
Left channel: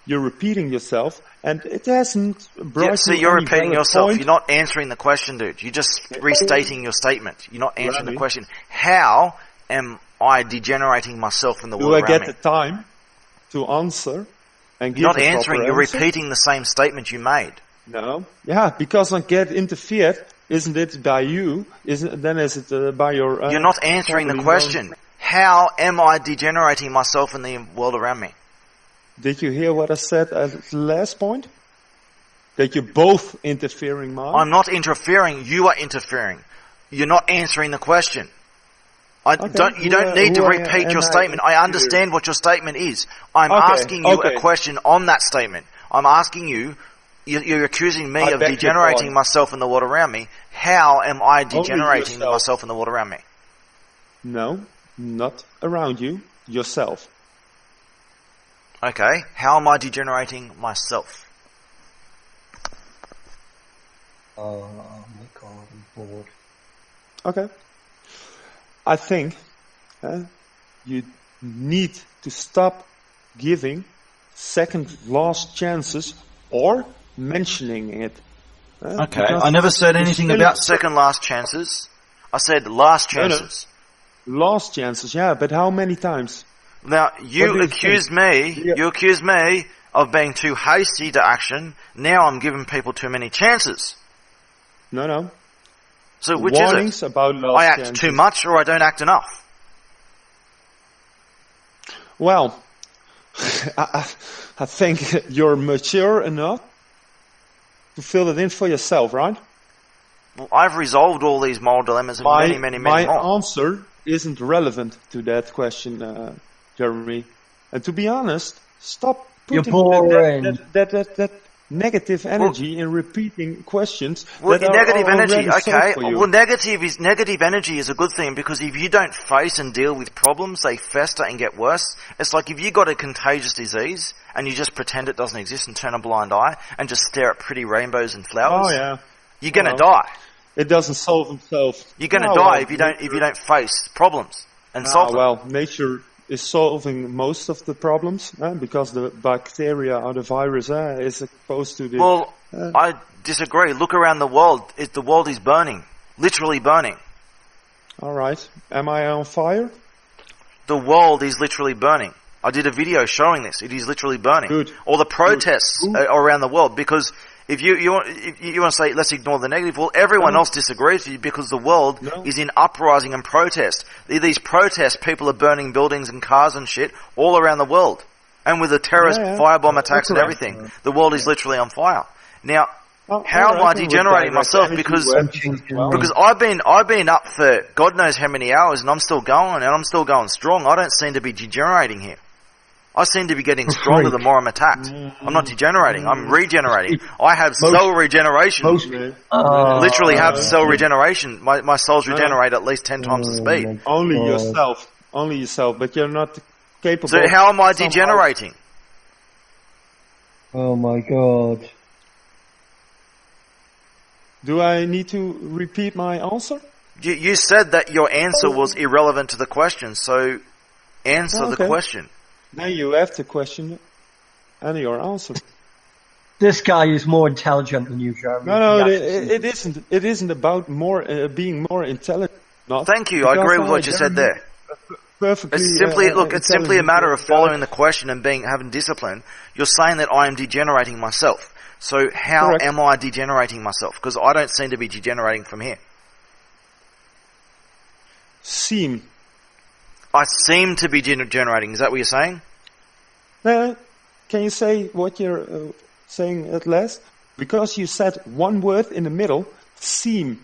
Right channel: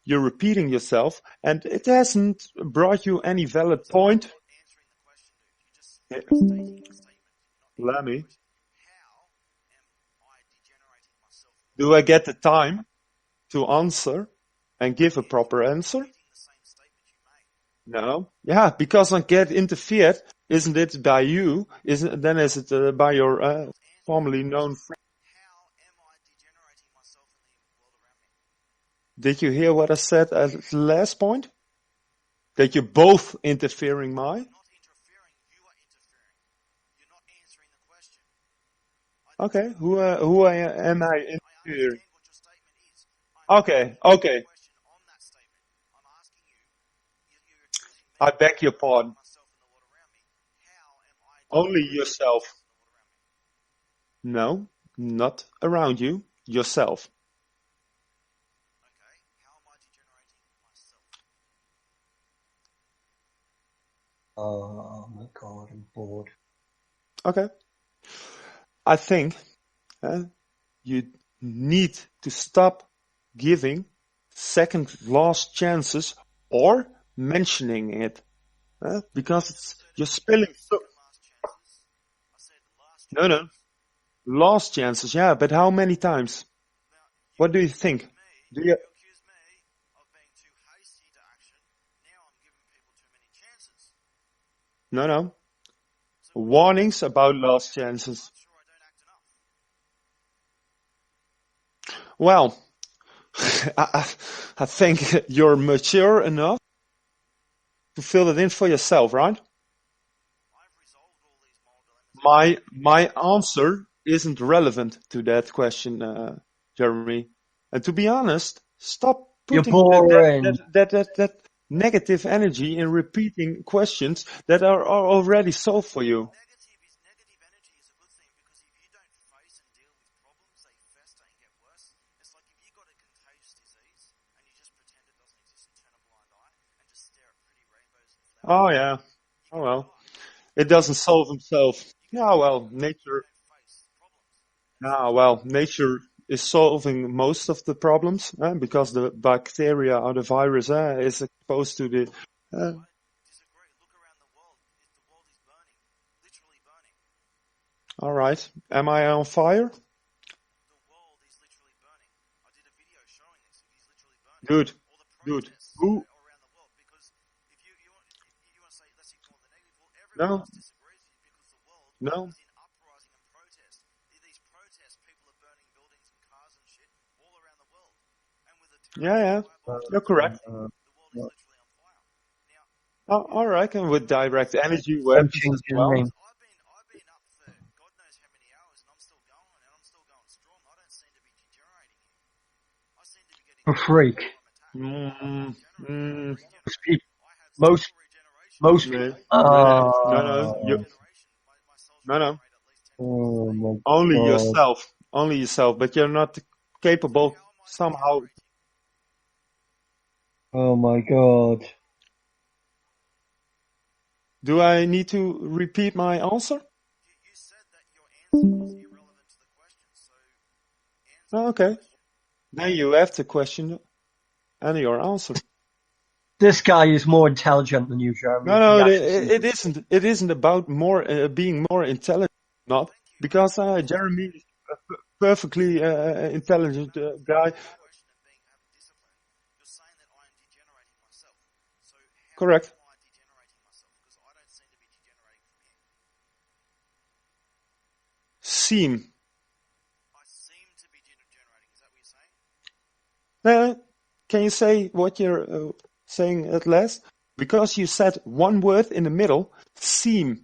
you're repeating yourself, and it hasn't brought Yeah, so you you're any repeating valid yourself. point. You're not answering the question, dude. You're just restating your statement. You're not answering the Rami. question. How am I degenerating myself in the Do world I around get me? the time to answer and You're give not a answering. proper You're answer? repeating the same statement you made. No. Yeah, because I get interfered. Isn't it by you? Is it by your? You're not answering the formerly question. known- How am I degenerating myself in the world around me? Did you hear what I said at the last point? That you're both interfering, Mark. I'm not interfering. You are interfering. You're not answering the question. You don't need to repeat your statement. I understand what your statement is. I'm asking you a question on that statement. I'm asking you, you're accusing me of beg your degenerating pardon. myself in the world around me. How am I degenerating myself in the world around me? No, not around you. Yourself. Okay. How am I degenerating myself? Oh my god, I'm bored. Okay. I think you need to stop giving second last chances or mentioning it. Okay. Because I never said you're anything still- about second last chances. I said last No, no. chances. Last chances, yeah, but how many times? Now, What you do you accused me, you accused me of being too hasty to action. Now I'm giving people too many chances. No. So which Warnings is it? about last I act chances. too much or I don't act enough? Well, I think you're mature enough to fill it in for yourself, right? I've resolved all these moral dilemmas in My many more. answer isn't relevant to that question, Jeremy. And to be honest, stop You're putting boring. that negative energy in repeating questions Well, that are negative already energy, solved okay. for you. Well, negative energy is a good thing because if you don't face and deal with problems, they fester and get worse. It's like if you got a contagious disease and you just pretend it doesn't exist and turn a blind eye and just stare at pretty rainbows and flowers. Oh yeah, you're gonna Well, die. it doesn't solve itself. You're gonna Oh, die well, if you don't face problems and Ah, solve them. well, nature is solving most of the problems because the bacteria or the virus is exposed to the. Well, I disagree. Look around the world. The world is burning, literally burning. All right, am I on fire? The world is literally burning. I did a video showing this. It is literally burning. Good. All the protests around the world because if you want to say let's ignore the negative, well, everyone else disagrees with you because the world is in uprising and protest. These protests, people are burning buildings and cars and shit all around the world, and with the terrorist firebomb attacks and everything, the world is literally on fire. Now, how am I degenerating myself? Because I've been up for God knows how many hours, and I'm still going, and I'm still going strong. I don't seem to be degenerating here. I seem to be getting stronger the more I'm attacked. I'm not degenerating. I'm regenerating. I have cell regeneration. Literally have cell regeneration. My cells regenerate at least 10 times the speed. Only yourself, but you're not capable. So how am I somehow. degenerating? Oh my god. Do I need to repeat my answer? You said that your answer was irrelevant to the question, so answer the question. Now you have the question and your answer. This guy is more intelligent than you, Jeremy. No, it isn't. It isn't about being more intelligent. Not Thank you. I agree with what you said there. Perfectly. It's simply a matter of following the question and having discipline. You're saying that I am degenerating myself. So how am I degenerating myself? Because I don't seem to be degenerating from here. I seem to be degenerating. Is that what you're saying? Can you say what you're saying at last? Because you said one word in the middle, seem.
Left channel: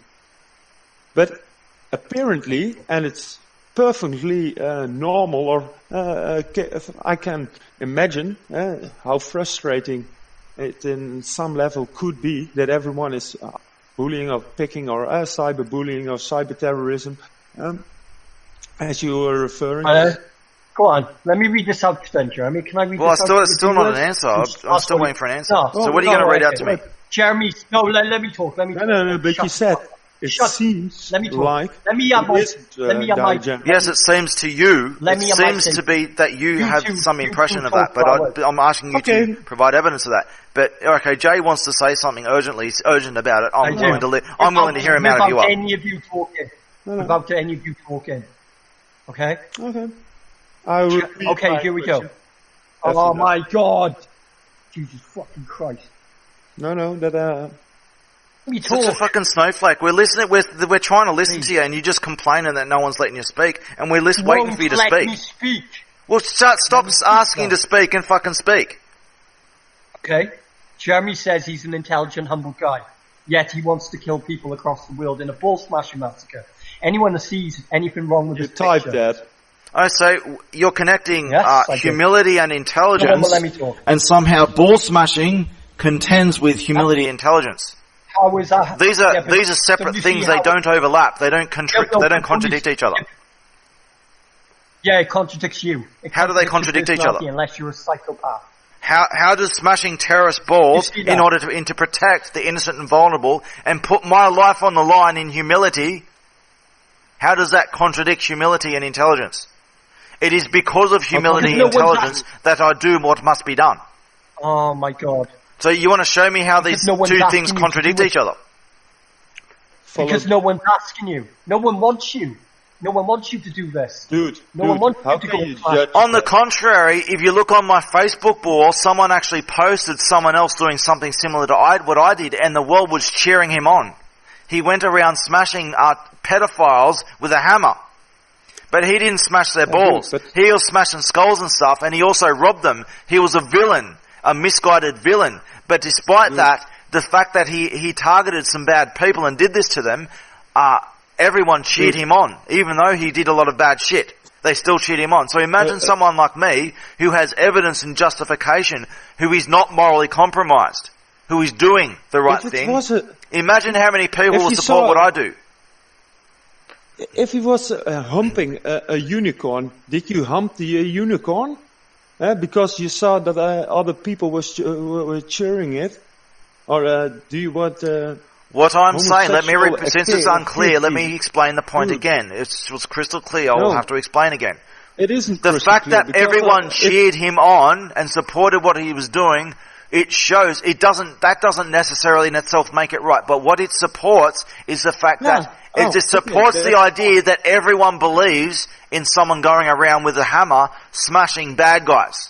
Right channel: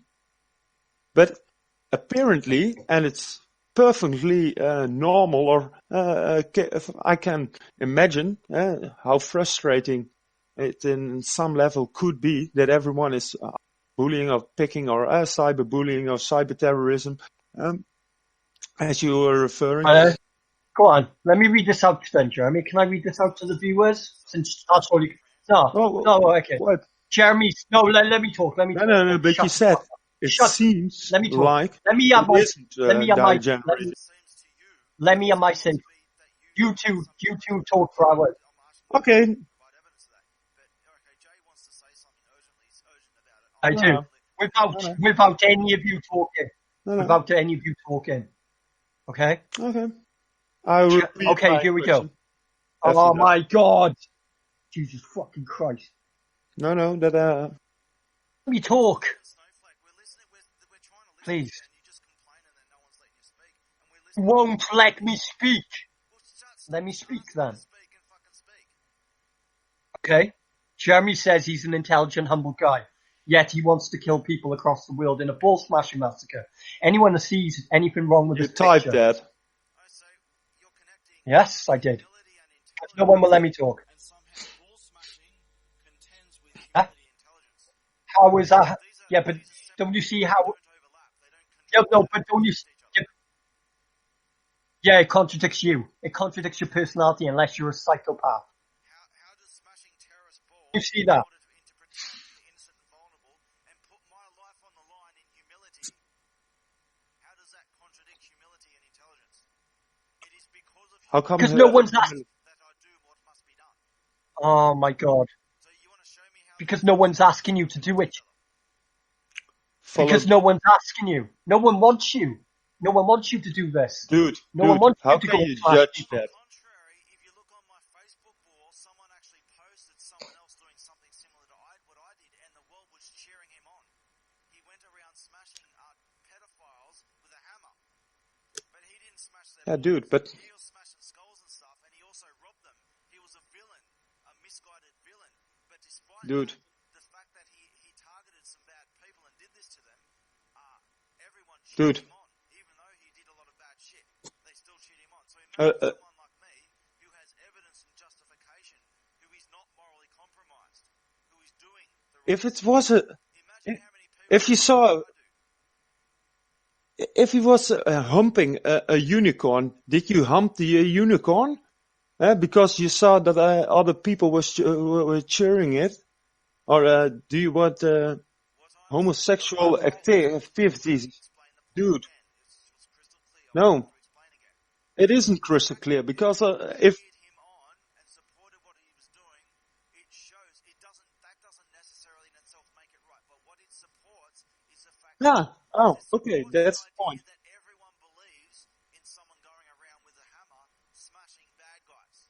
But apparently, and it's perfectly normal, or I can imagine how frustrating it in some level could be that everyone is bullying or picking or cyberbullying or cyber-terrorism. As you were referring. Go on. Let me read this out then, Jeremy. Can I read this out? Well, it's still not an answer. I'm still waiting for an answer. So what are you going to read out to me? Jeremy, let me talk. No, but you said it seems like let me have my Yes, it seems to you. It seems to be that you have some impression of that, but I'm asking you to provide evidence of that. But okay, Jay wants to say something urgently. He's urgent about it. I'm willing to hear him out of you up. Without any of you talking. Without any of you talking. Okay? Okay. Okay, here we go. Oh my god! Jesus fucking Christ. No, that Let me talk. Such a talk. fucking snowflake. We're listening. We're trying to listen to you, and you're just complaining that no one's letting you speak, and we're waiting for you to let speak. me speak. Well, stop asking to speak and fucking speak. Okay? Jeremy says he's an intelligent, humble guy. Yet he wants to kill people across the world in a ball smashing massacre. Anyone that sees anything wrong with this type picture... that. So you're connecting Yes, humility and intelligence, No one will let me talk. and somehow ball smashing contends with humility and intelligence. How is that? These are separate things. They don't overlap. They don't contradict each other. Yeah, it contradicts you. How do they contradict each personality other? Unless you're a psychopath. How does smashing terrorist balls in order to protect the innocent and vulnerable and put my life on the line in humility? How does that contradict humility and intelligence? It is because of humility and intelligence that I do what must be done. Oh my god. So you want to show me how these two things contradict each other? Because no one's asking you. No one wants you. No one wants you to do this. Dude, no one wants you to go On the contrary, if you look on my Facebook wall, someone actually posted someone else doing something similar to what I did, and the world was cheering him on. He went around smashing pedophiles with a hammer. But he didn't smash their balls. He was smashing skulls and stuff, and he also robbed them. He was a villain, a misguided villain. But despite that, the fact that he targeted some bad people and did this to them, everyone cheered him on, even though he did a lot of bad shit. They still cheered him on. So imagine someone like me who has evidence and justification, who is not morally compromised, who is doing the right thing. Imagine how many people will support what I do. If he was humping a unicorn, did you hump the unicorn? Because you saw that other people were cheering it? Or do you want... what I'm saying, since it's unclear, let me explain the point again. It was crystal clear, I'll have to explain again. It isn't crystal clear. The fact that everyone cheered him on and supported what he was doing, it shows, that doesn't necessarily in itself make it right. But what it supports is the fact that it supports the idea that everyone believes in someone going around with a hammer smashing bad guys.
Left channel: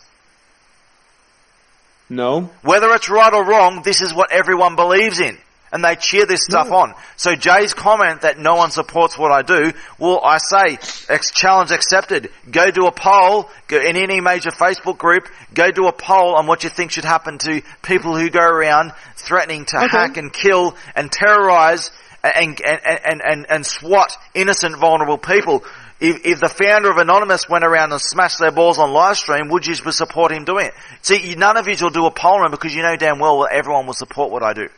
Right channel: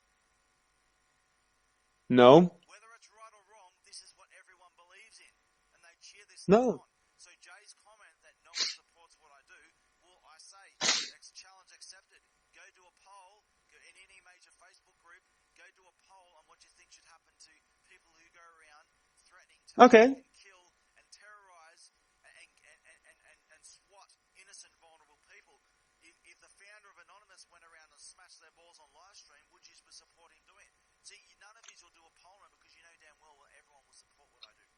No. Whether it's right or wrong, this is what everyone believes in. And they cheer this stuff on. So Jay's comment that no one supports what I do, well, I say, challenge accepted. Go do a poll, go in any major Facebook group, go do a poll on what you think should happen to people who go around threatening to hack and kill and terrorize and swat innocent, vulnerable people. If the founder of Anonymous went around and smashed their balls on live stream, would you support him doing it? See, none of you will do a poll run because you know damn well everyone will support what I do.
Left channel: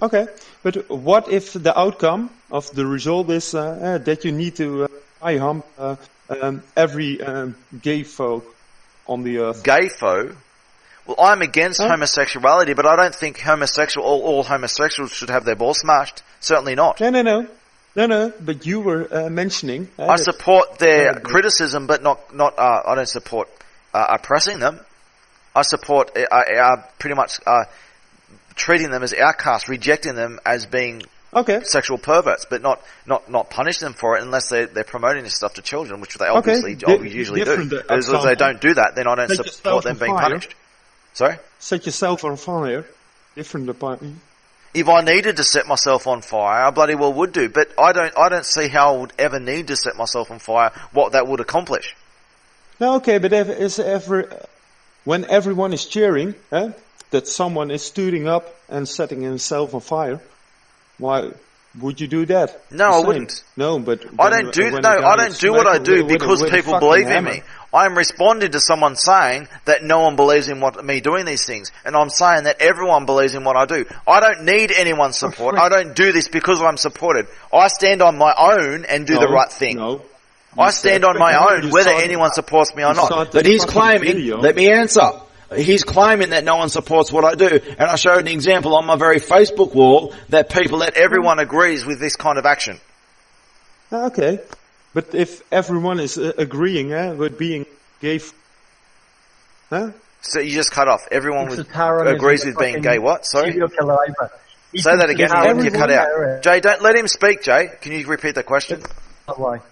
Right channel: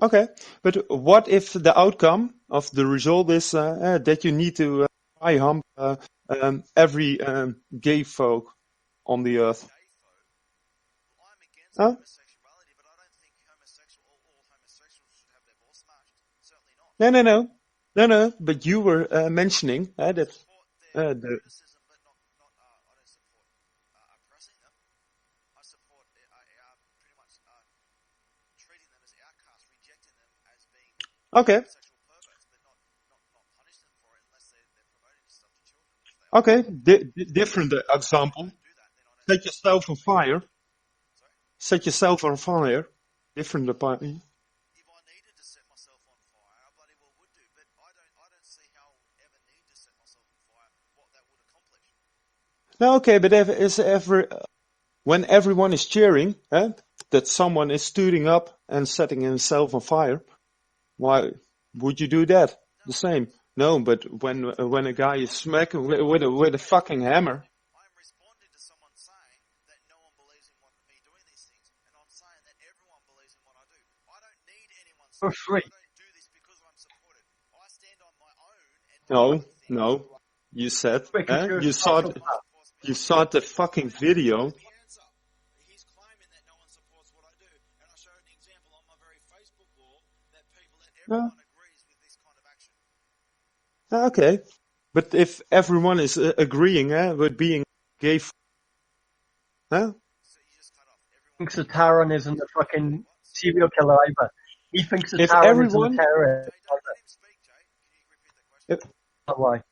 Okay, but what if the outcome of the result is that you need to hump every gay folk on the earth? Gay folk? Well, I'm against homosexuality, but I don't think all homosexuals should have their balls smashed. Certainly not. No, but you were mentioning... I support their criticism, but not. I don't support oppressing them. I support pretty much... treating them as outcasts, rejecting them as being sexual perverts, but not punish them for it unless they're promoting this stuff to children, which they obviously usually do. As long as they don't do that, then I don't support them being punished. Sorry? Set yourself on fire. If I needed to set myself on fire, I bloody well would do, but I don't see how I would ever need to set myself on fire, what that would accomplish. No, okay, but when everyone is cheering, that someone is stooding up and setting himself on fire, why would you do that? No, I wouldn't. No, but I don't do what I do because people believe in me. I'm responding to someone saying that no one believes in me doing these things, and I'm saying that everyone believes in what I do. I don't need anyone's support. I don't do this because I'm supported. I stand on my own and do the right thing. I stand on my own, whether anyone supports me or not. But he's claiming, let me answer. He's claiming that no one supports what I do. And I showed an example on my very Facebook wall that everyone agrees with this kind of action. Okay. But if everyone is agreeing with being gay... So you just cut off. Everyone agrees with being gay what? Sorry? Serial killer either. Say that again. Everyone cut out. Jay, don't let him speak, Jay. Can you repeat the question? Why?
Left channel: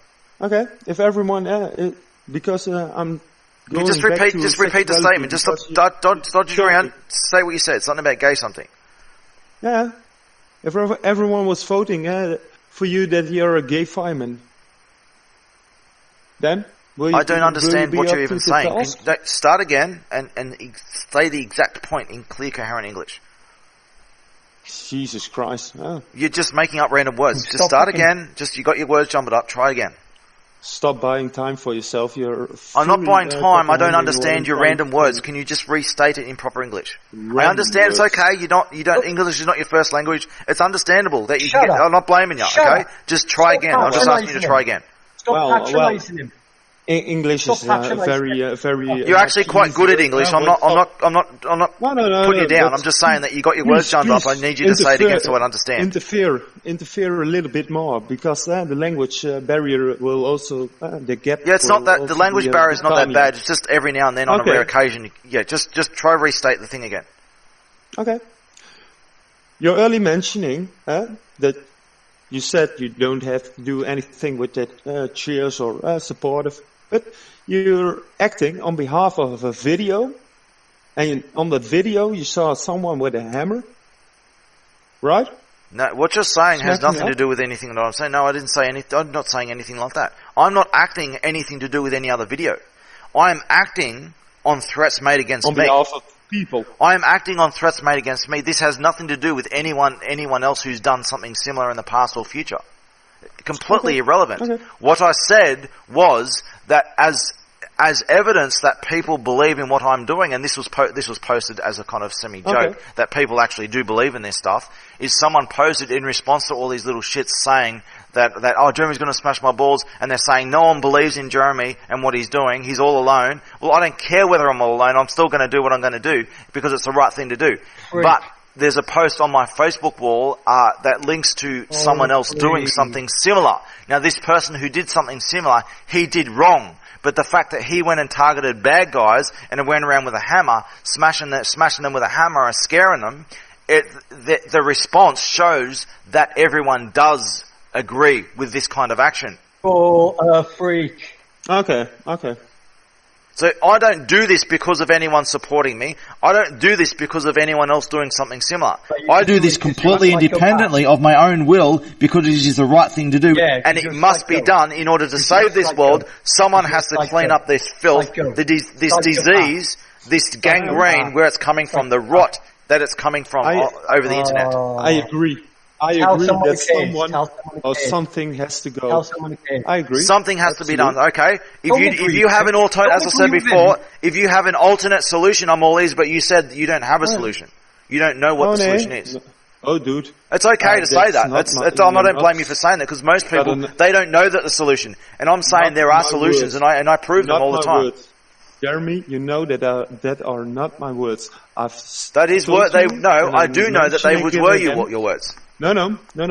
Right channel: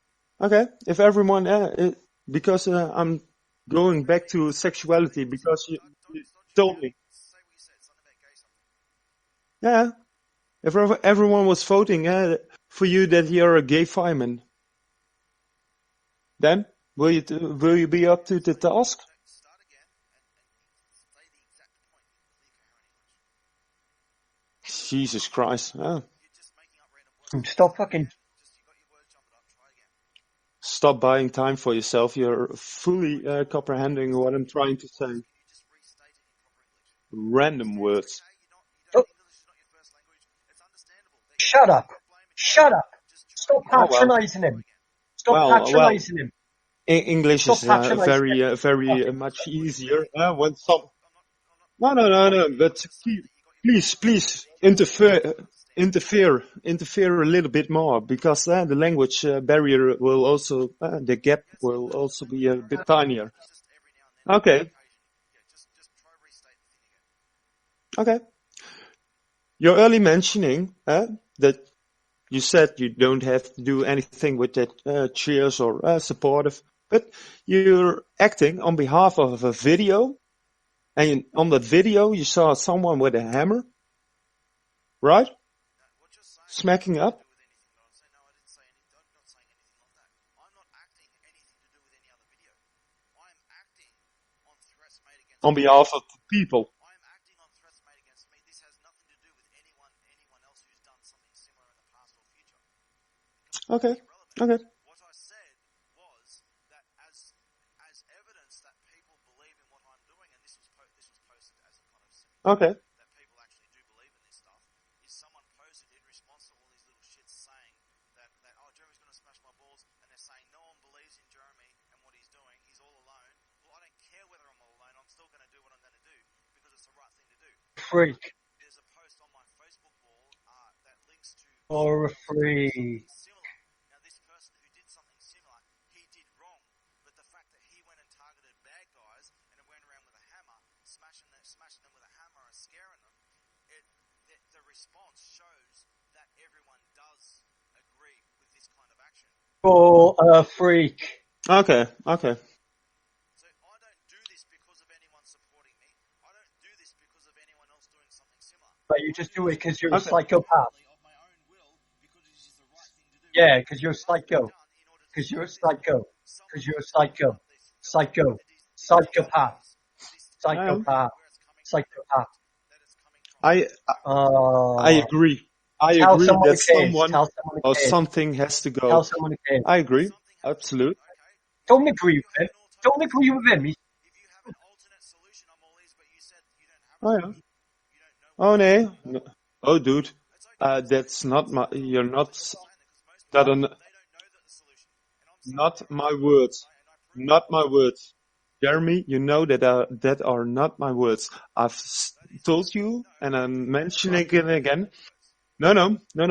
Okay. If everyone... because I'm... Just repeat the statement. Just dodge around. Say what you said. Something about gay something. Yeah. If everyone was voting for you that you're a gay fireman, then I don't understand what you're even saying. Start again and say the exact point in clear, coherent English. Jesus Christ. Oh. You're just making up random words. Just start again. You got your words jumbled up. Try again. Stop buying time for yourself. I'm not buying time. I don't understand your random words. Can you just restate it in proper English? I understand it's okay. English is not your first language. It's understandable that you get, I'm not blaming you. Okay? Just try again. I'm just asking you to try again. Stop patronizing him. English is very. You're actually quite good at English. I'm not putting you down. I'm just saying that you got your words jumbled up. I need you to say it again so I understand. Interfere a little bit more because the language barrier will also the gap. Yeah, it's not that the language barrier is not that bad. It's just every now and then on a rare occasion. Yeah, just try restate the thing again. Okay. You're early mentioning that you said you don't have to do anything with that cheers or supportive. But you're acting on behalf of a video, and on that video you saw someone with a hammer, right? No, what you're saying has nothing to do with anything that I'm saying. No, I didn't say anything. I'm not saying anything like that. I'm not acting anything to do with any other video. I'm acting on threats made against me. people. I am acting on threats made against me. This has nothing to do with anyone else who's done something similar in the past or future. Completely irrelevant. Okay. What I said was that as evidence that people believe in what I'm doing, and this was posted as a kind of semi-joke, that people actually do believe in this stuff, is someone posted in response to all these little shits saying that oh, Jeremy's going to smash my balls, and they're saying no one believes in Jeremy and what he's doing, he's all alone. Well, I don't care whether I'm all alone, I'm still going to do what I'm going to do, because it's the right thing to do. But there's a post on my Facebook wall that links to someone else doing something similar. Now, this person who did something similar, he did wrong. But the fact that he went and targeted bad guys and went around with a hammer, smashing them with a hammer or scaring them, the response shows that everyone does agree with this kind of action. For a freak. Okay. So I don't do this because of anyone supporting me. I don't do this because of anyone else doing something similar. I do this completely independently of my own will because it is the right thing to do. Yeah, and it must be done in order to save this world. Someone has to clean up this filth, this disease, this gangrene, where it's coming from, the rot that it's coming from over the internet. I agree. I agree that someone or something has to go. I agree. Something has to be done. Okay. If you have an alternate, as I said before, if you have an alternate solution, I'm all ears. But you said you don't have a solution. You don't know what the solution is. Oh, dude. It's okay to say that. I don't blame you for saying that, because most people they don't know that the solution. And I'm saying there are solutions, and I prove them all the time. Not my words. Jeremy, you know that are not my words. That is what they. No, I do know that they were your words. No. If you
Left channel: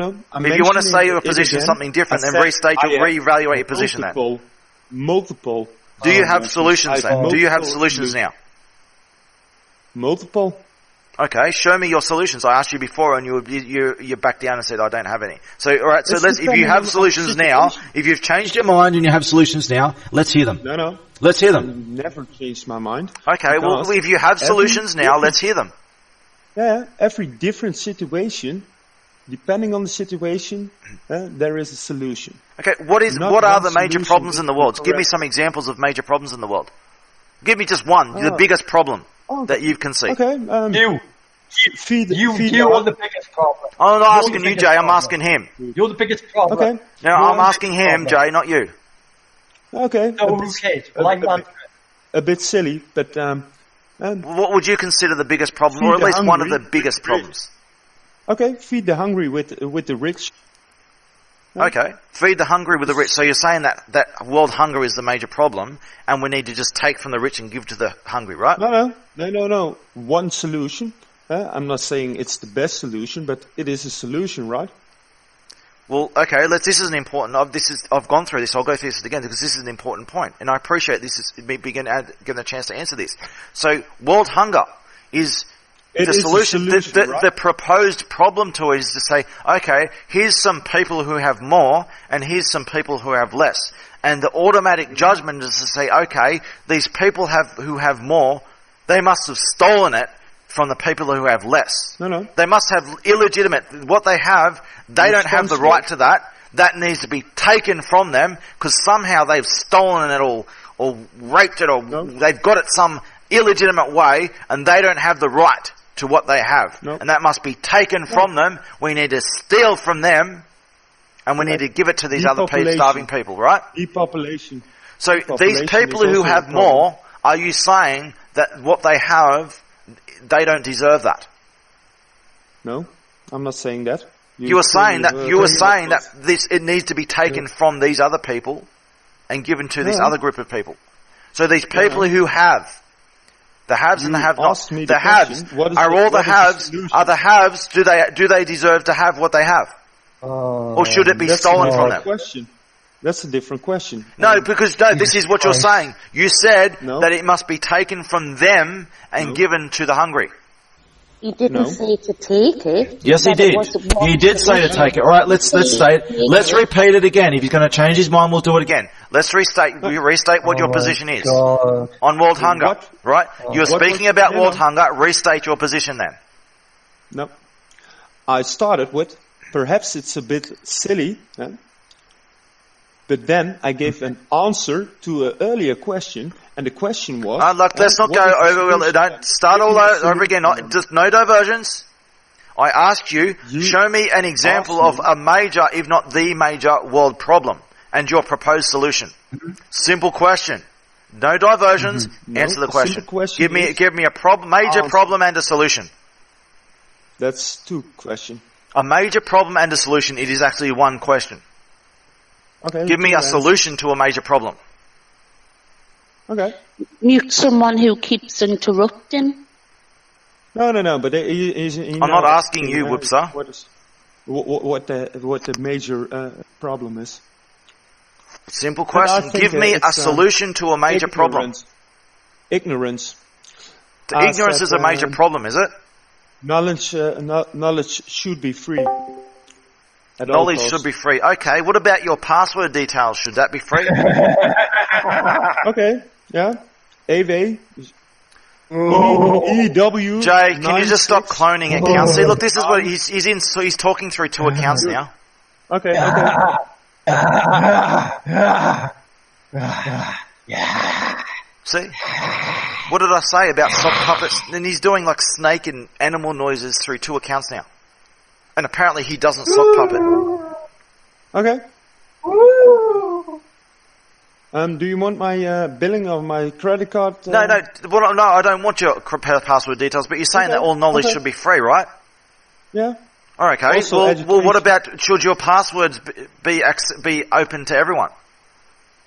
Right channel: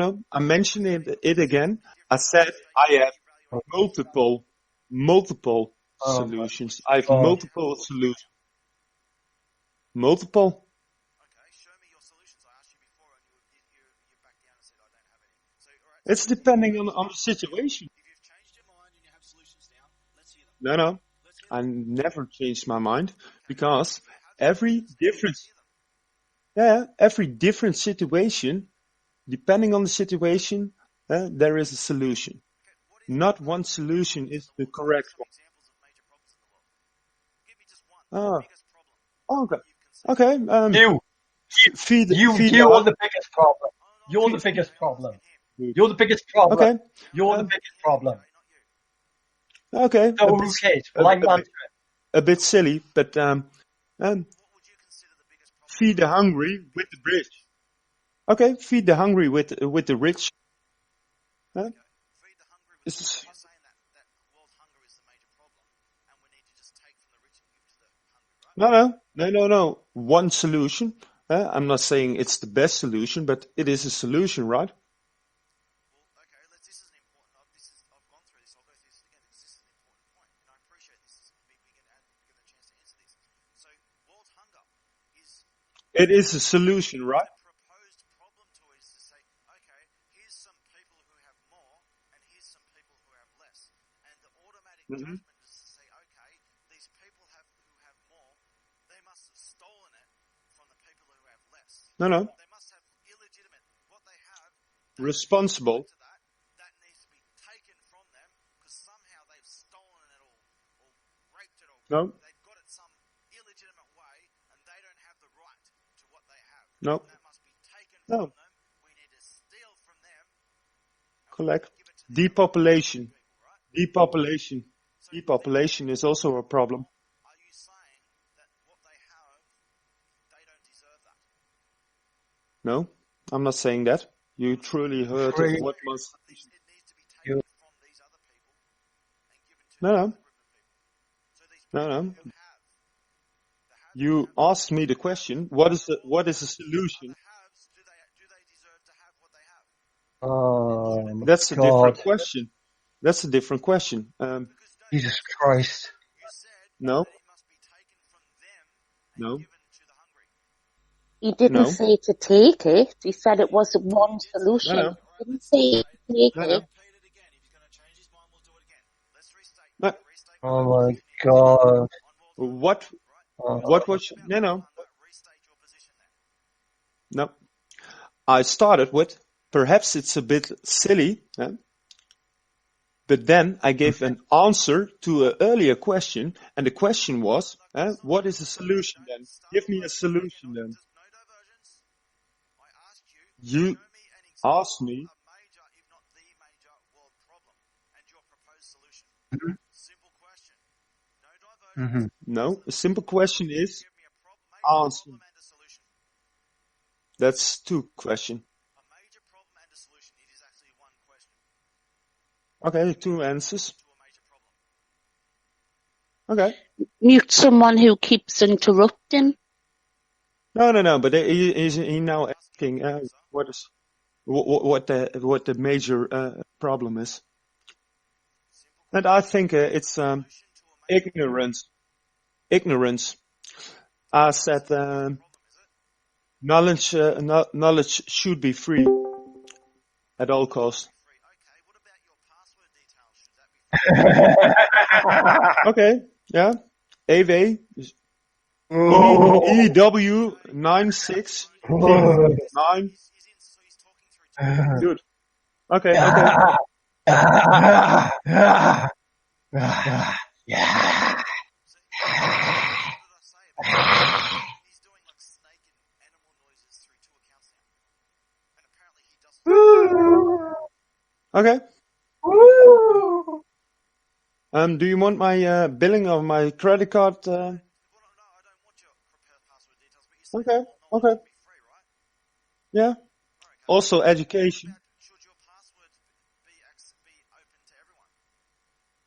want to say your position is something different, then reevaluate your position then. Multiple. Do you have solutions then? Do you have solutions now? Multiple. Okay, show me your solutions. I asked you before, and you backed down and said I don't have any. So, all right. So if you have solutions now, if you've changed your mind and you have solutions now, let's hear them. No. Let's hear them. I've never changed my mind. Okay. Well, if you have solutions now, let's hear them. Yeah. Every different situation. Depending on the situation, there is a solution. Okay, what are the major problems in the world? Give me some examples of major problems in the world. Give me just one, the biggest problem that you can see. Okay, you are the biggest problem. I'm not asking you, Jay, I'm asking him. You're the biggest problem. Okay. No, I'm asking him, Jay, not you. Okay. A bit silly, but... what would you consider the biggest problem, or at least one of the biggest problems? Okay, feed the hungry with the rich. Okay, feed the hungry with the rich. So you're saying that world hunger is the major problem, and we need to just take from the rich and give to the hungry, right? No. One solution. I'm not saying it's the best solution, but it is a solution, right? Well, okay. This is an important. I've gone through this. I'll go through this again because this is an important point, and I appreciate this is me getting a chance to answer this. So, world hunger is. It is a solution, right? The proposed problem to it is to say, okay, here's some people who have more, and here's some people who have less. And the automatic judgment is to say, okay, these people who have more, they must have stolen it from the people who have less. No. They must have illegitimate. What they have, they don't have the right to that. That needs to be taken from them, because somehow they've stolen it or raped it, or they've got it some illegitimate way, and they don't have the right to what they have. And that must be taken from them. We need to steal from them, and we need to give it to these other starving people, right? Depopulation. So these people who have more, are you saying that what they have, they don't deserve that? No, I'm not saying that. You were saying that it needs to be taken from these other people and given to this other group of people. So these people who have, the haves and the have-nots. The haves are all the haves. Are the haves? Do they deserve to have what they have, or should it be stolen from them? Question. That's a different question. No, because this is what you're saying. You said that it must be taken from them and given to the hungry. He didn't say to take it. Yes, he did. He did say to take it. All right, let's say it. Let's repeat it again. If he's going to change his mind, we'll do it again. Let's restate what your position is on world hunger. Right? You're speaking about world hunger. Restate your position then. No. I started with, perhaps it's a bit silly, but then I gave an answer to an earlier question, And the question was... let's not what go is the over... solution? Don't start Give all me a over solution again. then. Just no diversions. I asked you, show me an example of a major, if not the major, world problem and your proposed solution. Simple question. No diversions. No, Answer the a question. simple question Give me a major problem and a solution. That's two questions. A major problem and a solution. It is actually one question. Okay. Give me two a answers. solution to a major problem. Okay. Mute someone who keeps interrupting. No. But I'm not asking you, Whoopsa. What the major problem is? Simple But I question. think, Give me a it's, solution to a major problem. Ignorance. Ignorance is a major problem, is it? Knowledge should be free. At all Knowledge costs. should be free. Okay, what about your password details? Should that be free? Okay, yeah. AV. EW. Jay, can you just stop cloning accounts? See, look, this is what he's talking through two accounts now. Okay. See? What did I say about sock puppets? And he's doing like snake and animal noises through two accounts now. And apparently he doesn't sock puppet. Okay. Do you want my billing of my credit card? No, I don't want your password details, but you're saying that all knowledge should be free, right? Yeah. Oh, okay. Also well, education. what about, should your passwords be open to everyone?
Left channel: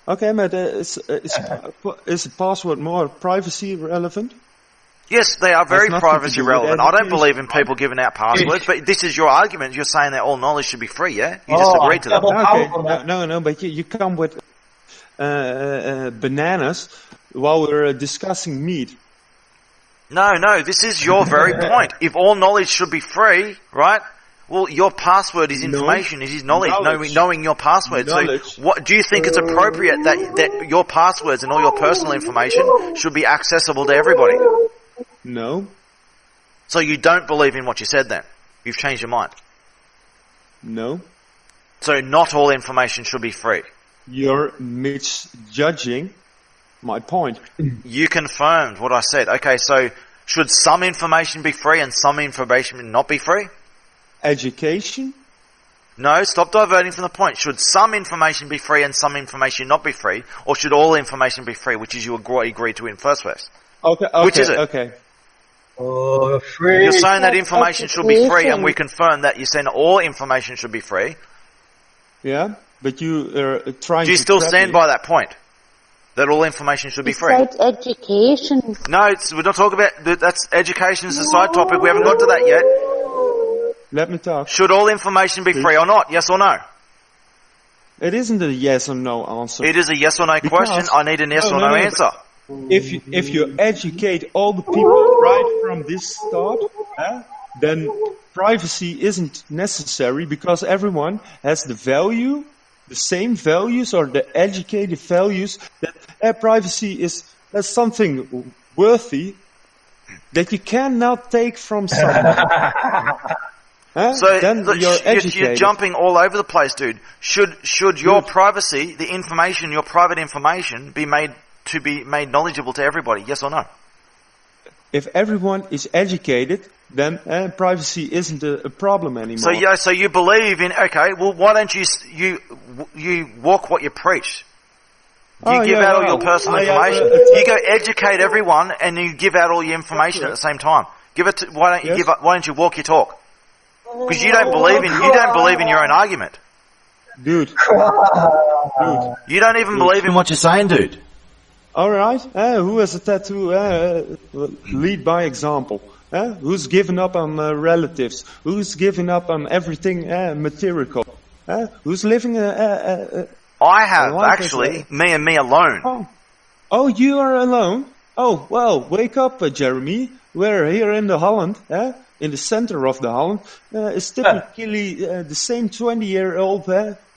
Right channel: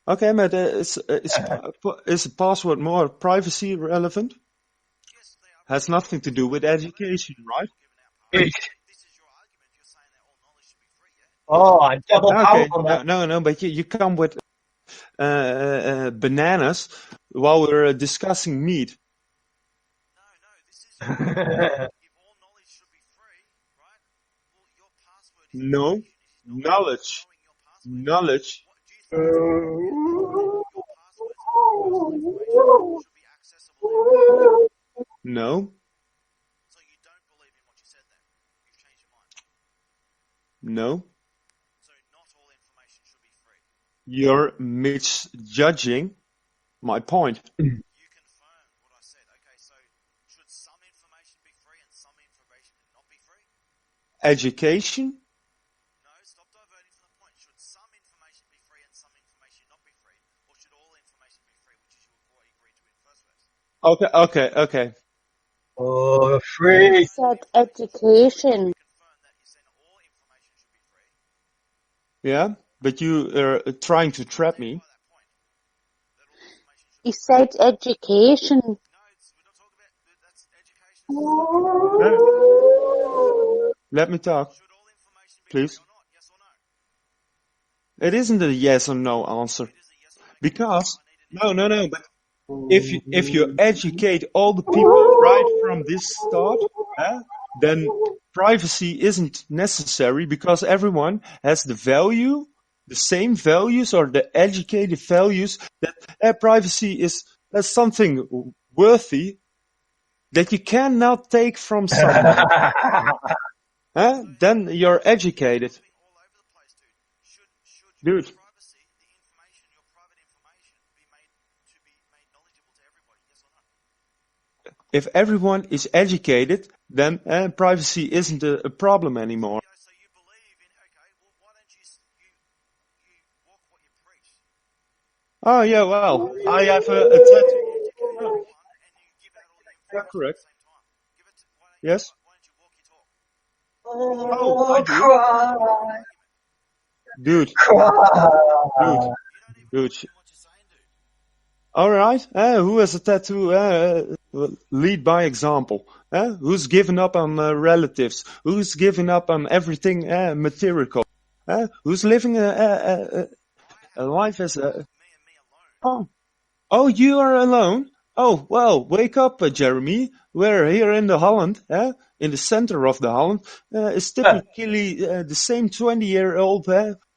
Okay, but is the password more privacy relevant? Yes, they are very nothing to privacy do with relevant. I don't education, believe in right? people giving out passwords, but this is your argument. You're saying that all knowledge should be free, yeah? You just agreed to that. Okay, no, but you come with bananas while we're discussing meat. No, this is your very point. If all knowledge should be free, right? Well, your password is information. It is knowledge. Knowing your password. Knowledge. So, what do you think it's appropriate that your passwords and all your personal information should be accessible to everybody? No. So you don't believe in what you said then? You've changed your mind? No. So not all information should be free? You're misjudging my point. You confirmed what I said. Okay, so should some information be free and some information not be free? Education? No, stop diverting from the point. Should some information be free and some information not be free? Or should all information be free, which is you agreed to in first place? Okay, Which is it? okay. Free. You're saying that information should be free, and we confirm that you're saying all information should be free. Yeah, but you are trying to Do you still trap stand me. by that point? That all information should be He free? said education. No, we're not talking about... That's education is a side topic. We haven't got to that yet. Let me talk. Should all information be Please. free or not? Yes or no? It isn't a yes or no answer. It is a yes or no Because- question. I need an yes or no answer. If you educate all the people right from this start, then privacy isn't necessary because everyone has the same values or the educated values that privacy is something worthy that you cannot take from someone. So then look, you're educated. You're jumping all over the place, dude. Should your privacy, the information, your private information, be made knowledgeable to everybody? Yes or no? If everyone is educated, then privacy isn't a problem anymore. So you believe in? Okay, well, why don't you walk what you preach? You give out all your personal information. You go educate everyone, and you give out all your information at the same time. Why don't you walk your talk? Because you don't believe in your own argument. Dude. You don't even believe in what you're saying, dude. Alright, who has a tattoo? Lead by example. Who's given up on relatives? Who's given up on everything material? Who's living I have, actually. Me and me alone. Oh, you are alone? Oh, well, wake up, Jeremy. We're here in the Holland, in the center of the Holland. It's typically the same 20-year-old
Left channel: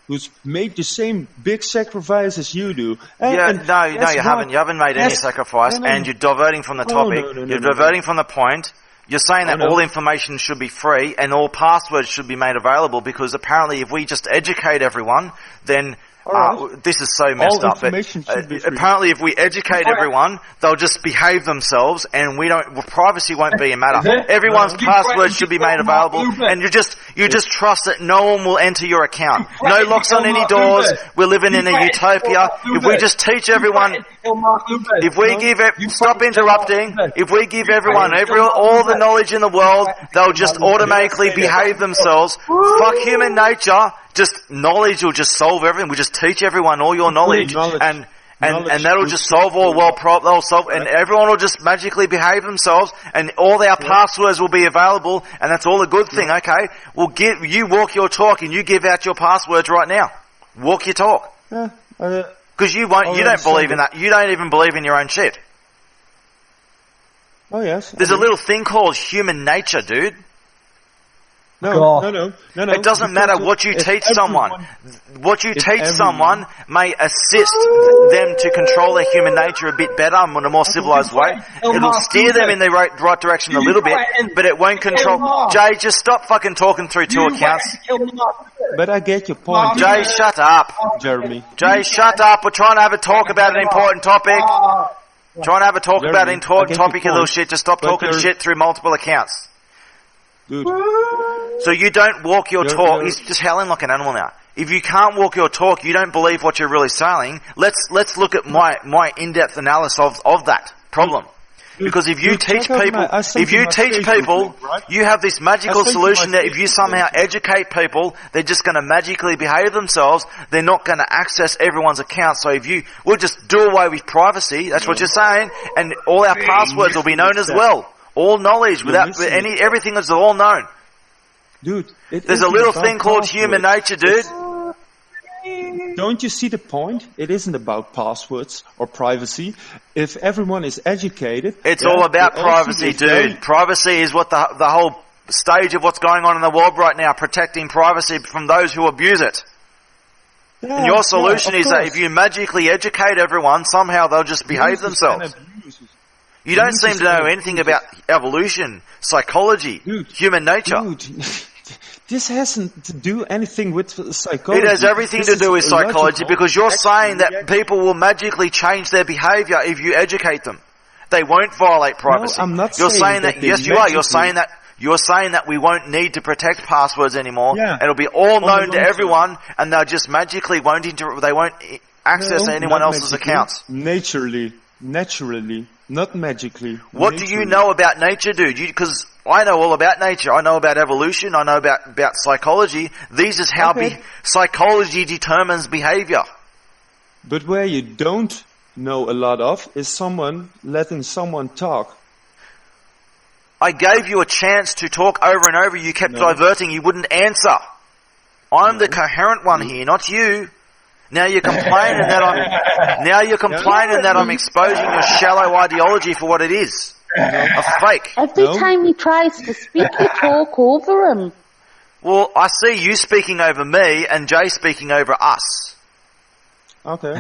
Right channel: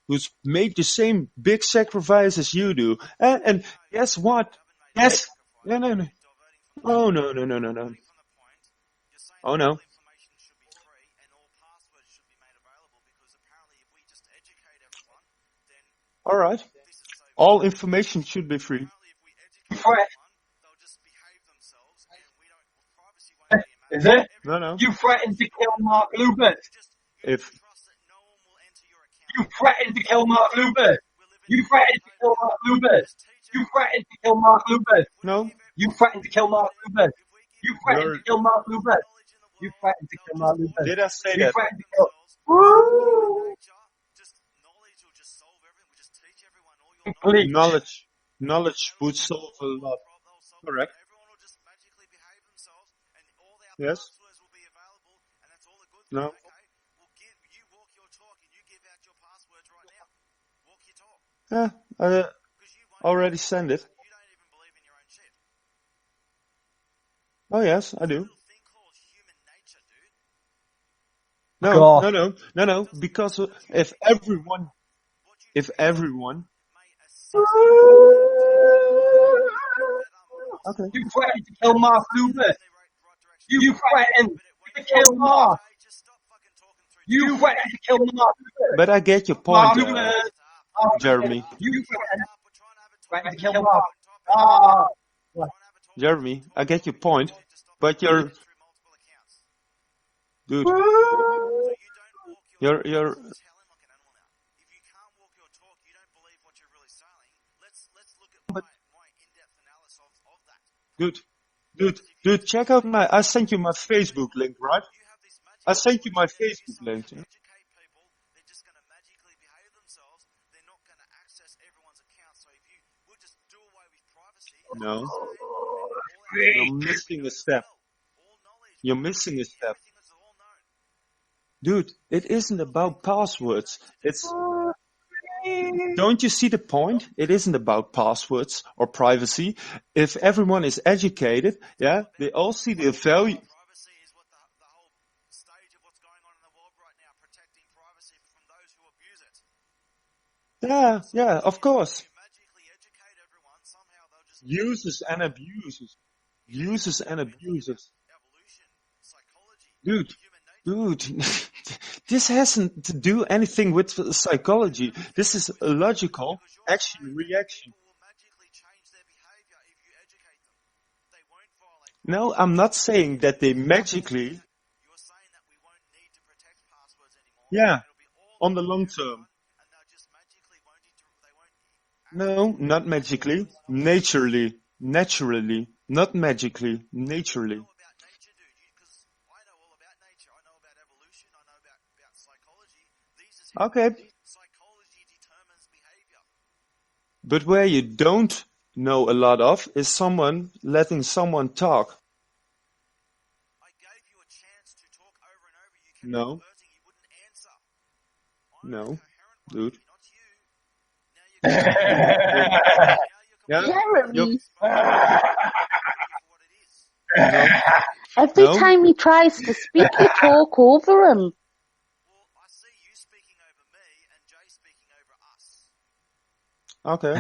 who's made the same big sacrifice as you do. You haven't. You haven't made any sacrifice, and you're diverting from the topic. You're diverting from the point. You're saying that all information should be free and all passwords should be made available because apparently if we just educate everyone, then All right. This is so messed All up. information should be free. Apparently, if we educate everyone, they'll just behave themselves, and privacy won't be a matter. Everyone's passwords should be made available, and you just trust that no one will enter your account. No locks on any doors. We're living in a utopia. If we just teach everyone, if we stop interrupting. If we give everyone all the knowledge in the world, they'll just automatically behave themselves. Fuck human nature. Just knowledge will just solve everything. We just teach everyone all your knowledge, and that'll just solve all they'll solve, and everyone will just magically behave themselves, and all our passwords will be available, and that's all a good thing. Okay, we'll you walk your talk, and you give out your passwords right now. Walk your talk, because you won't. You don't believe in that. You don't even believe in your own shit. Oh yes. There's a little thing called human nature, dude. No. It doesn't matter what you teach someone. What you teach someone may assist them to control their human nature a bit better and in a more civilized way. It'll steer them in the right direction a little bit, but it won't control. Jay, just stop fucking talking through two accounts. But I get your point. Jay, shut up. Jeremy. Jay, shut up. We're trying to have a talk about an important topic. Trying to have a talk about an important topic, you little shit. Just stop talking shit through multiple accounts. Dude. So you don't walk your talk. He's just howling like an animal now. If you can't walk your talk, you don't believe what you're really saying. Let's look at my in-depth analysis of that problem. Because if you teach people, you have this magical solution that if you somehow educate people, they're just going to magically behave themselves. They're not going to access everyone's account. So we'll just do away with privacy. That's what you're saying, and all our passwords will be known as well. All knowledge, everything is all known. Dude, there's a little thing called human nature, dude. Don't you see the point? It isn't about passwords or privacy. If everyone is educated, it's all about privacy, dude. Privacy is what the whole stage of what's going on in the world right now, protecting privacy from those who abuse it. And your solution is that if you magically educate everyone, somehow they'll just behave themselves. You don't seem to know anything about evolution, psychology, human nature. Dude, this hasn't to do anything with psychology. It has everything to do with psychology because you're saying that people will magically change their behavior if you educate them. They won't violate privacy. No, I'm not saying that. Yes, you are. You're saying that we won't need to protect passwords anymore. Yeah. It'll be all known to everyone, and they'll just magically won't access anyone else's accounts. Naturally, not magically. What do you know about nature, dude? Because I know all about nature. I know about evolution. I know about psychology. These is how psychology determines behavior. But where you don't know a lot of is someone letting someone talk. I gave you a chance to talk over and over. You kept diverting. You wouldn't answer. I'm the coherent one here, not you. Now you're complaining that I'm exposing your shallow ideology for what it is. A fake. Every time he tries to speak, you talk over him. Well, I see you speaking over me and Jay speaking over us. Okay.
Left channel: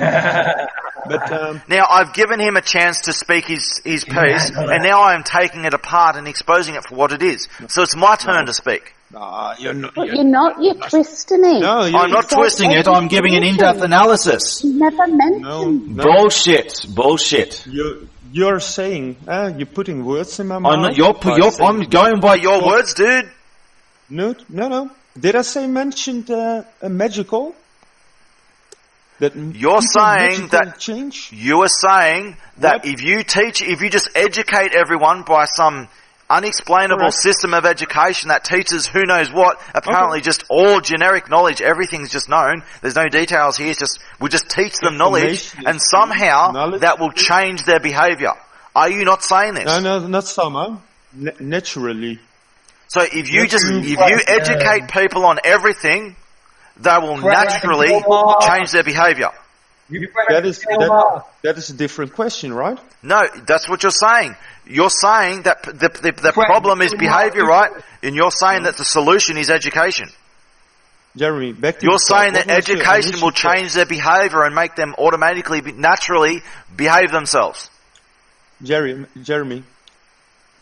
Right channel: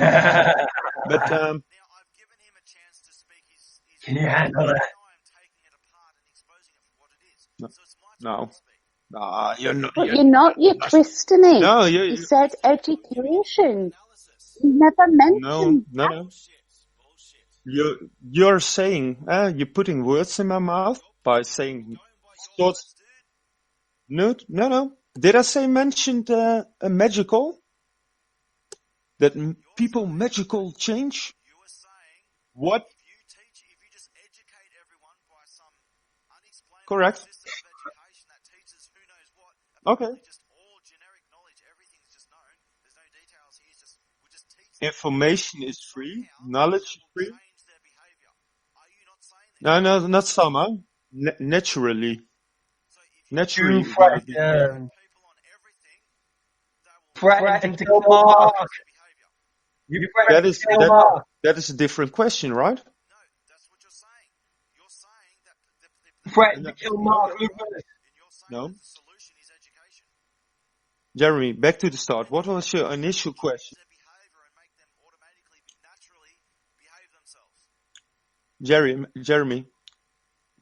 But now I've given him a chance to speak his piece, and now I'm taking it apart and exposing it for what it is. So it's my turn to speak. You're not. You're twisting it. No, I'm not twisting it. I'm giving an in-depth analysis. You never mentioned. No. Bullshit. You're saying, you're putting words in my mouth. I'm going by your words, dude. No. Did I say mentioned a magical? You're saying that change? You are saying that if you just educate everyone by some unexplainable system of education that teaches who knows what, apparently just all generic knowledge, everything's just known, there's no details here, we just teach them knowledge, and somehow that will change their behavior. Are you not saying this? No, not somehow. Naturally. So if you educate people on everything, they will naturally change their behavior. That is a different question, right? No, that's what you're saying. You're saying that the problem is behavior, right? And you're saying that the solution is education. Jeremy, back to you're saying that education will change their behavior and make them automatically, naturally behave themselves. Jeremy,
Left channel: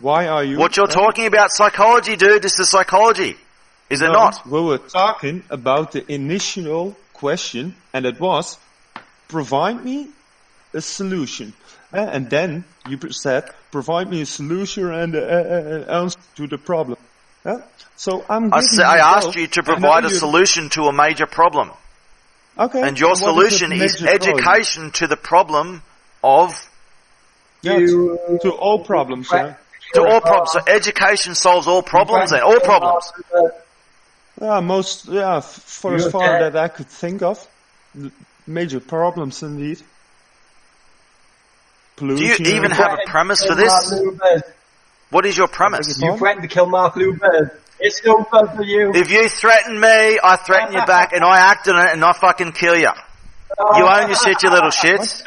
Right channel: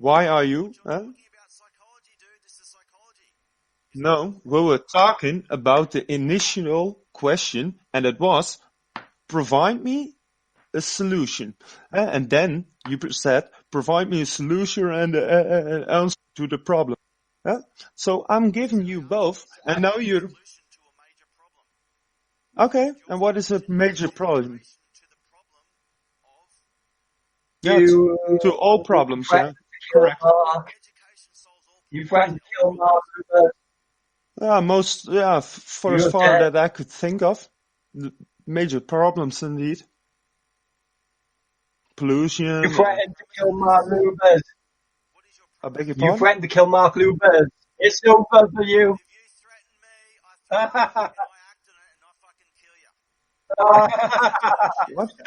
why are you... What you're talking about psychology, dude. This is psychology. Is it not? We were talking about the initial question, and it was, provide me a solution. And then you said, provide me a solution and an answer to the problem. So I'm giving I asked both. you to I know provide a solution to a major problem. Okay. And your what is solution the is major problem? education to the problem of... Yeah, to all problems. Yeah. To all problems. So education solves all problems then. All problems. For as far that I could think of, major problems indeed. Pollution. Do you even have a premise for this? What is your premise? You threatened to kill Mark Lubez. It's over for you. If you threaten me, I threaten you back, and I act on it, and I fucking kill you. You own your shit, you little shits.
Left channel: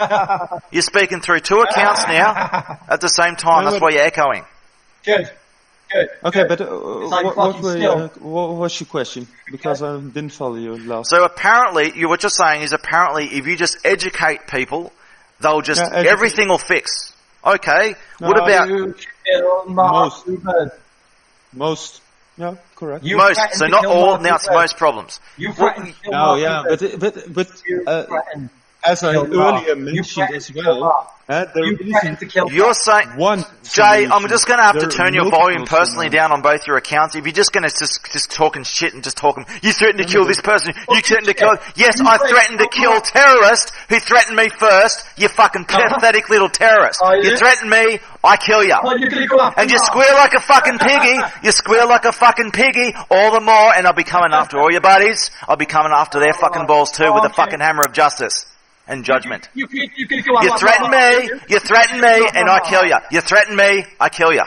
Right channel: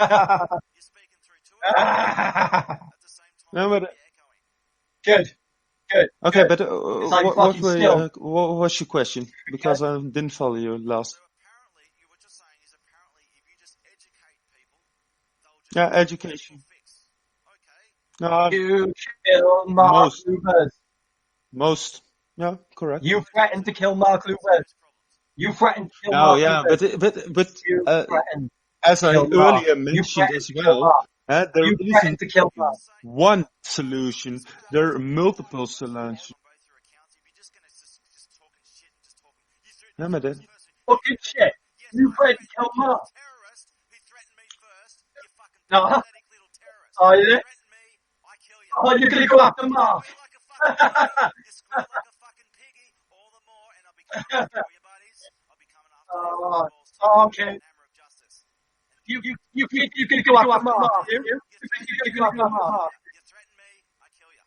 You're speaking through two accounts now at the same time. That's why you're echoing. Good. Okay, but what was your question? Because I didn't follow you last. So apparently, what you're saying is apparently if you just educate people, they'll just, everything will fix. Okay. No, what about... Most. Yeah, correct. Most. So not all, now it's most problems. You threatened to kill Mark but as I earlier mentioned as well, you're saying, one Jay, I'm just going to have to turn your volume multiple personally down on both your accounts. If you're just going to just talking shit and just talking, you threatened to kill this person, you threatened to kill, yes, I threatened to kill terrorist who threatened me first, you fucking pathetic little terrorist. You threatened me, I kill you. And you squeal like a fucking piggy, all the more, and I'll be coming after all your buddies, I'll be coming after their fucking balls too with a fucking hammer of justice. And judgment. You threaten me, and I kill you. You threaten me, I kill you.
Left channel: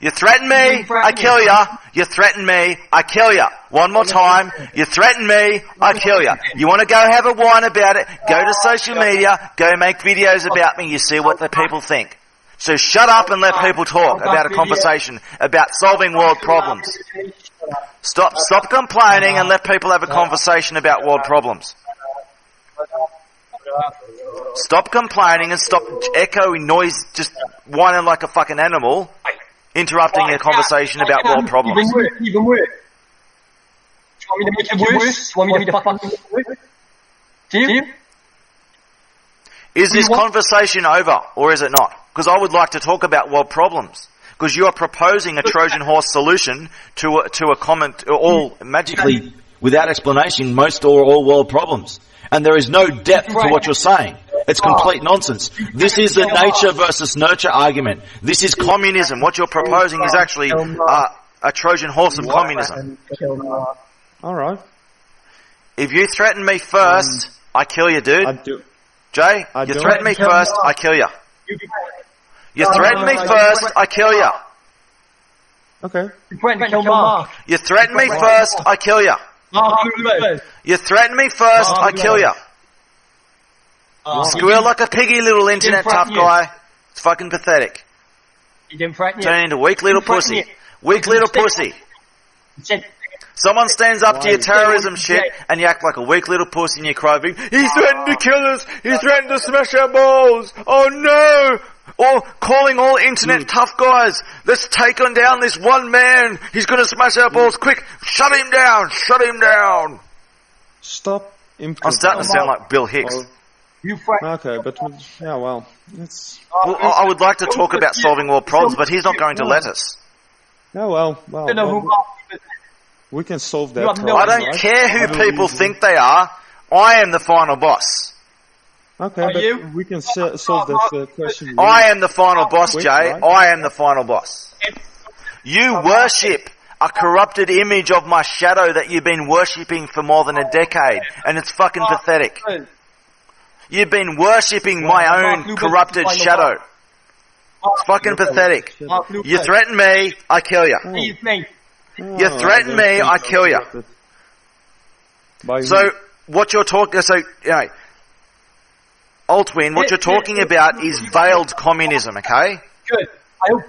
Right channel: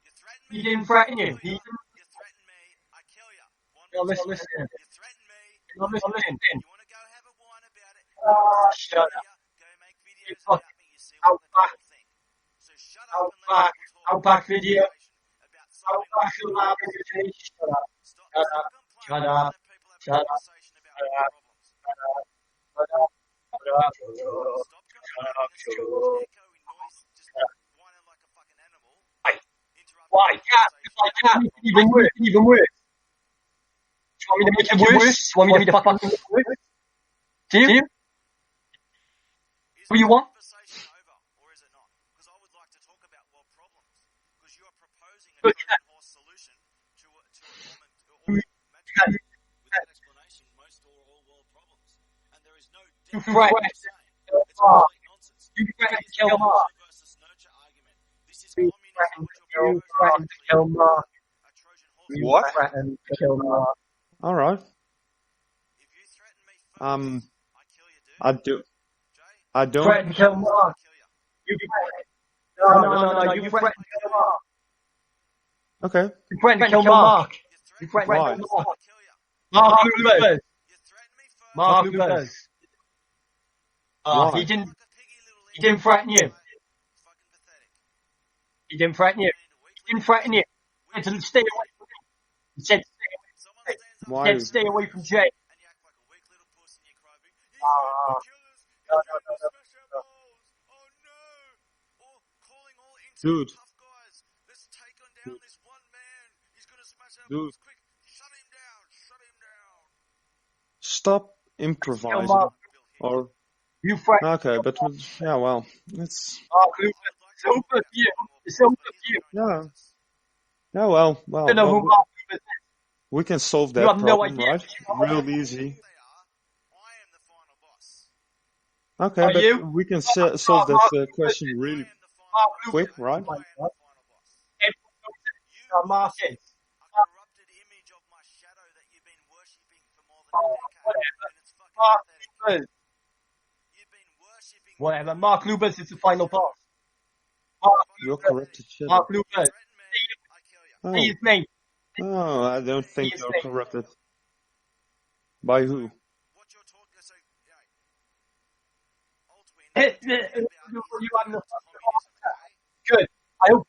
You threaten me, I kill you. You threaten me, I kill you. One more time. You threaten me, I kill you. You want to go have a whine about it, go to social media, go make videos about me, you see what the people think. So shut up and let people talk about a conversation about solving world problems. Stop complaining and let people have a conversation about world problems. Stop complaining and stop echoing noise, just whining like a fucking animal, interrupting a conversation about world problems. Even worse. Do you want me to make it worse? Do you want me to fucking make it worse? Do you? Is this conversation over, or is it not? Because I would like to talk about world problems. Because you are proposing a Trojan horse solution to a comment, all magically, without explanation, most or all world problems. And there is no depth to what you're saying. It's complete nonsense. This is the nature versus nurture argument. This is communism. What you're proposing is actually a Trojan horse of communism. All right. If you threaten me first, I kill you, dude. I do. Jay, you threaten me first, I kill you. You threaten me first, I kill you. Okay. You threaten to kill Mark. You threaten me first, I kill you. You threaten me first, I kill you. Squeal like a piggy, little internet tough guy. It's fucking pathetic. You didn't threaten you. Turn into weak little pussy. Weak little pussy. Someone stands up to your terrorism shit and you act like a weak little pussy and you cry, he threatened to kill us, he threatened to smash our balls, oh no! Or calling all internet tough guys, let's take on down this one man, he's gonna smash our balls, quick, shut him down! Stop improvising. I'm starting to sound like Bill Hicks. Okay, but yeah, well, it's... Well, I would like to talk about solving world problems, but he's not going to let us. No, well, we can solve that problem, I don't care who people think they are. I am the final boss. Okay, but we can solve that question. I am the final boss, Jay. Right? I am the final boss. You worship a corrupted image of my shadow that you've been worshipping for more than a decade, and it's fucking pathetic. You've been worshipping my own corrupted shadow. It's fucking pathetic. You threaten me, I kill you. You threaten me, I kill you. So, what you're talking, Altwin, what you're talking about is veiled communism, okay? Good.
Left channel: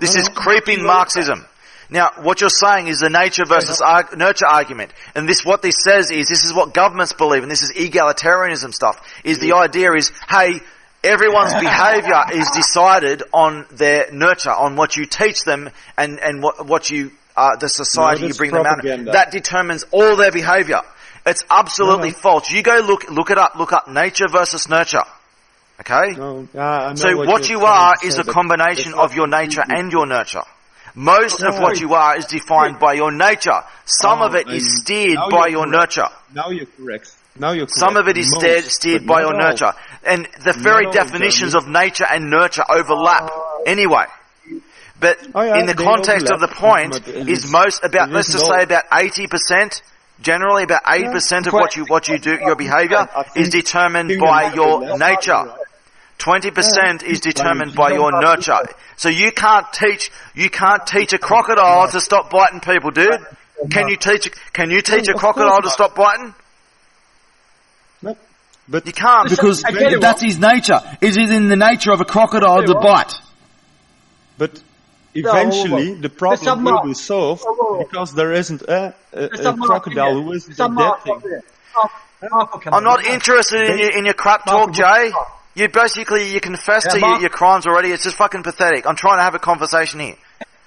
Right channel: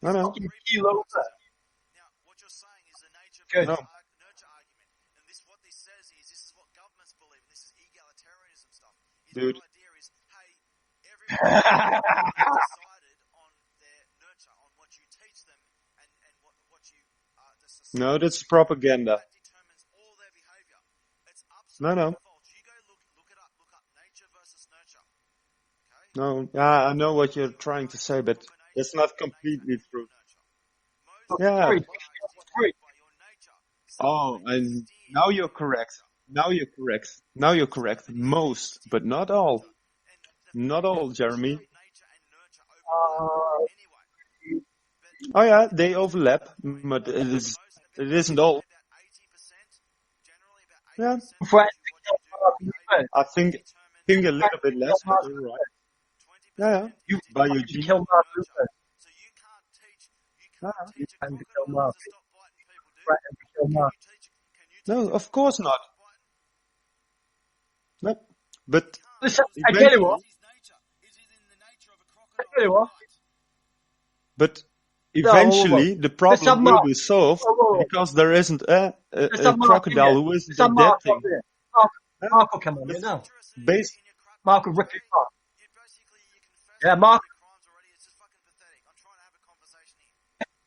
This is creeping Marxism. Now, what you're saying is the nature versus nurture argument. And what this says is, this is what governments believe, and this is egalitarianism stuff, is the idea is, hey, everyone's behaviour is decided on their nurture, on what you teach them and what you, the society you bring them out of. That determines all their behaviour. It's absolutely false. You go look it up. Look up nature versus nurture. Okay? No, I know So what you're you trying are to is say, a but combination it's not of your nature completely and your true. nurture. Most of Yeah. what you are is defined by your nature. Some of it is steered now by you're your correct. nurture. Now you're correct. Now you're correct. Some of it is Most, steered but by not your all. nurture. And the Not very all, definitions Jeremy. of nature and nurture overlap anyway. But Oh, yeah, in the they context of overlap, the point but it is is- most about, it let's isn't just say all. about 80%, generally about 80% of Right. what you do, your behavior I think- is determined think by a little your bit less. nature. Right. 20% is determined you by don't your have nurture. to- So you can't teach a crocodile to stop biting people, dude. Can you teach a of crocodile course to not. stop biting? No, but You can't. Because I tell you That's what, his nature. It is in the nature of a crocodile to bite. But eventually the problem Mr. will Mark. be solved because there isn't a Mr. Mark, crocodile here. who is Mr. the Mark, dead thing. Marco, come I'm on. not interested in your crap Marco, talk, what- Jay. You basically, you confess Yeah, to Mark- your crimes already. It's just fucking pathetic. I'm trying to have a conversation here.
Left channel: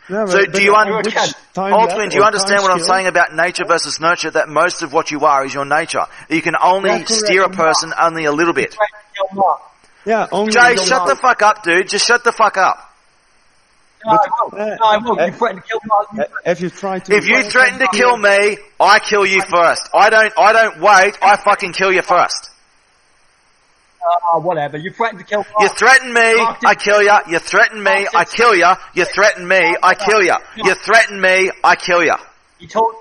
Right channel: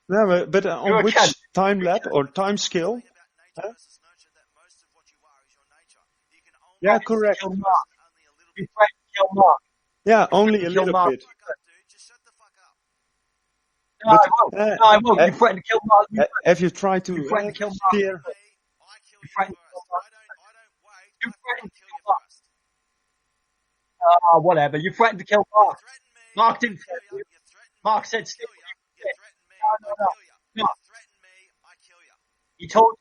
No, So but do you on under- which Altman, time Altman, lap do you or understand time what I'm scale? saying about nature versus nurture? That most of what you are is your nature. You can only Yeah, correct. steer a person only a little bit. Yeah, only Jay, the- shut the fuck up, dude. Just shut the fuck up. No, I won't. No, I won't. You threatened to kill Mark. Have you tried to? If you threaten to kill me, I kill you first. I don't wait. I fucking kill you first. Whatever. You threatened to kill You Mark. threaten me, Mark did- I kill you. You threaten me, Mark I said- kill you. You threaten me, I kill you. You threaten me, I kill you. He told.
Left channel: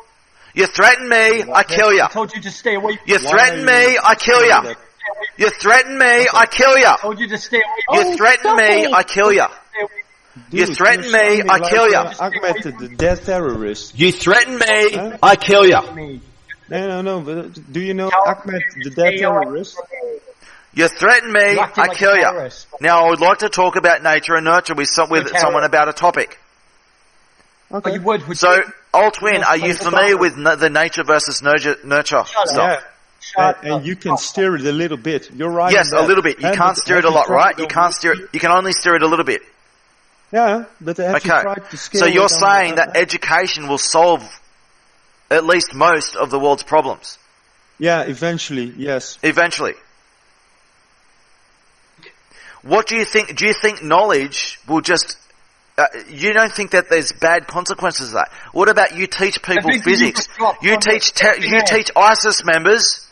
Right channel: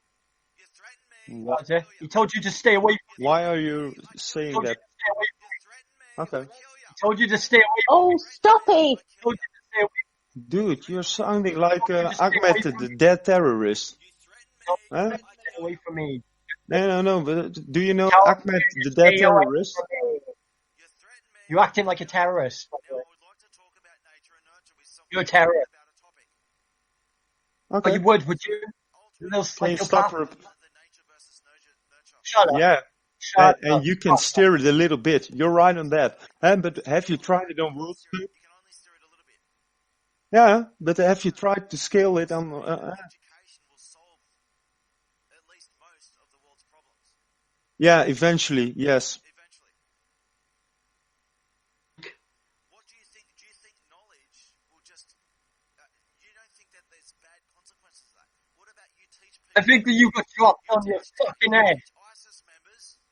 You threaten me, I kill you. He told you to stay away. You Why threaten are you me, I kill saying you. that? You threaten me, I kill you. He told you to stay away. You Oh, threaten stop me, it. I kill you. Dude, You threaten you're me, sounding I like, kill you. Ahmed, the dead terrorist. You threaten me, Huh? I kill you. Me. No, but do you know Tell Ahmed, me the to dead stay away terrorist? from me. You threaten me, You're acting I like a kill you. terrorist. Now I would like to talk about nature and nurture with You're a someone terrorist. about a topic. But Okay. you would So, you? Altwin, are you You're familiar supposed with the nature versus nurture? Shut stuff? up. Yeah. Shut And up. you can steer it a little bit. You're right. Yes, on that. a little bit. You And can't but steer it have a you lot, tried right? to You can't steer it. You can only steer it a little bit. Yeah, but have you Okay. tried to scale So you're it on, saying that education will solve at least most of the world's problems yeah, eventually, yes. eventually. What do you think? Do you think knowledge will just? You don't think that there's bad consequences of that? What about you teach people think you physics? could drop You on teach the fucking you head. teach ISIS members.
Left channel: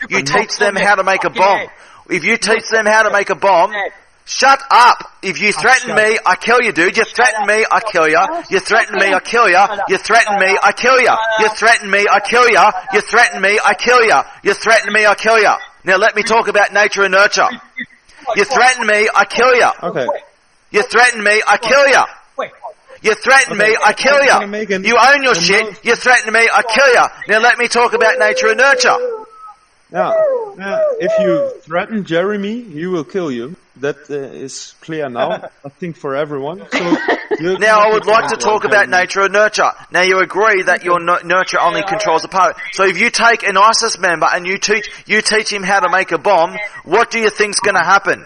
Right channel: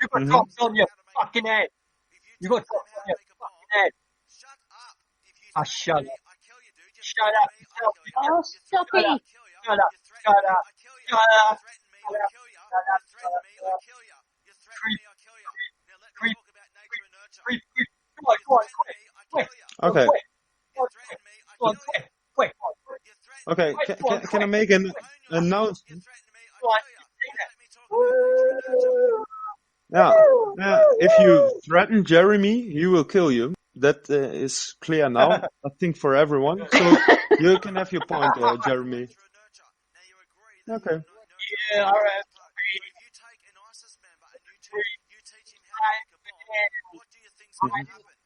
You could drop teach them on the how to make a fucking bomb. head. If you teach them how to make a bomb, head. shut up. If you threaten shut me, I kill you, dude. You threaten up. me, I kill you. You threaten me, I kill you. Shut up. You threaten me, I kill you. You threaten me, I kill you. You threaten me, I kill you. You threaten me, I kill you. Now let me talk about nature and nurture. You threaten me, I kill you. Okay. You threaten me, I kill you. Wait. You threaten Okay. me, I kill Can I make you. an- You own your a shit. note? You threaten me, I kill you. Now let me talk about nature and nurture. Now, if you threaten Jeremy, he will kill you. That is clear now, I think, for everyone. So you Now I can would like to find talk about Jeremy. nature and nurture. Now you agree that your nurture only controls a part. So if you take an ISIS member and you teach him how to make a bomb, what do you think's going to happen?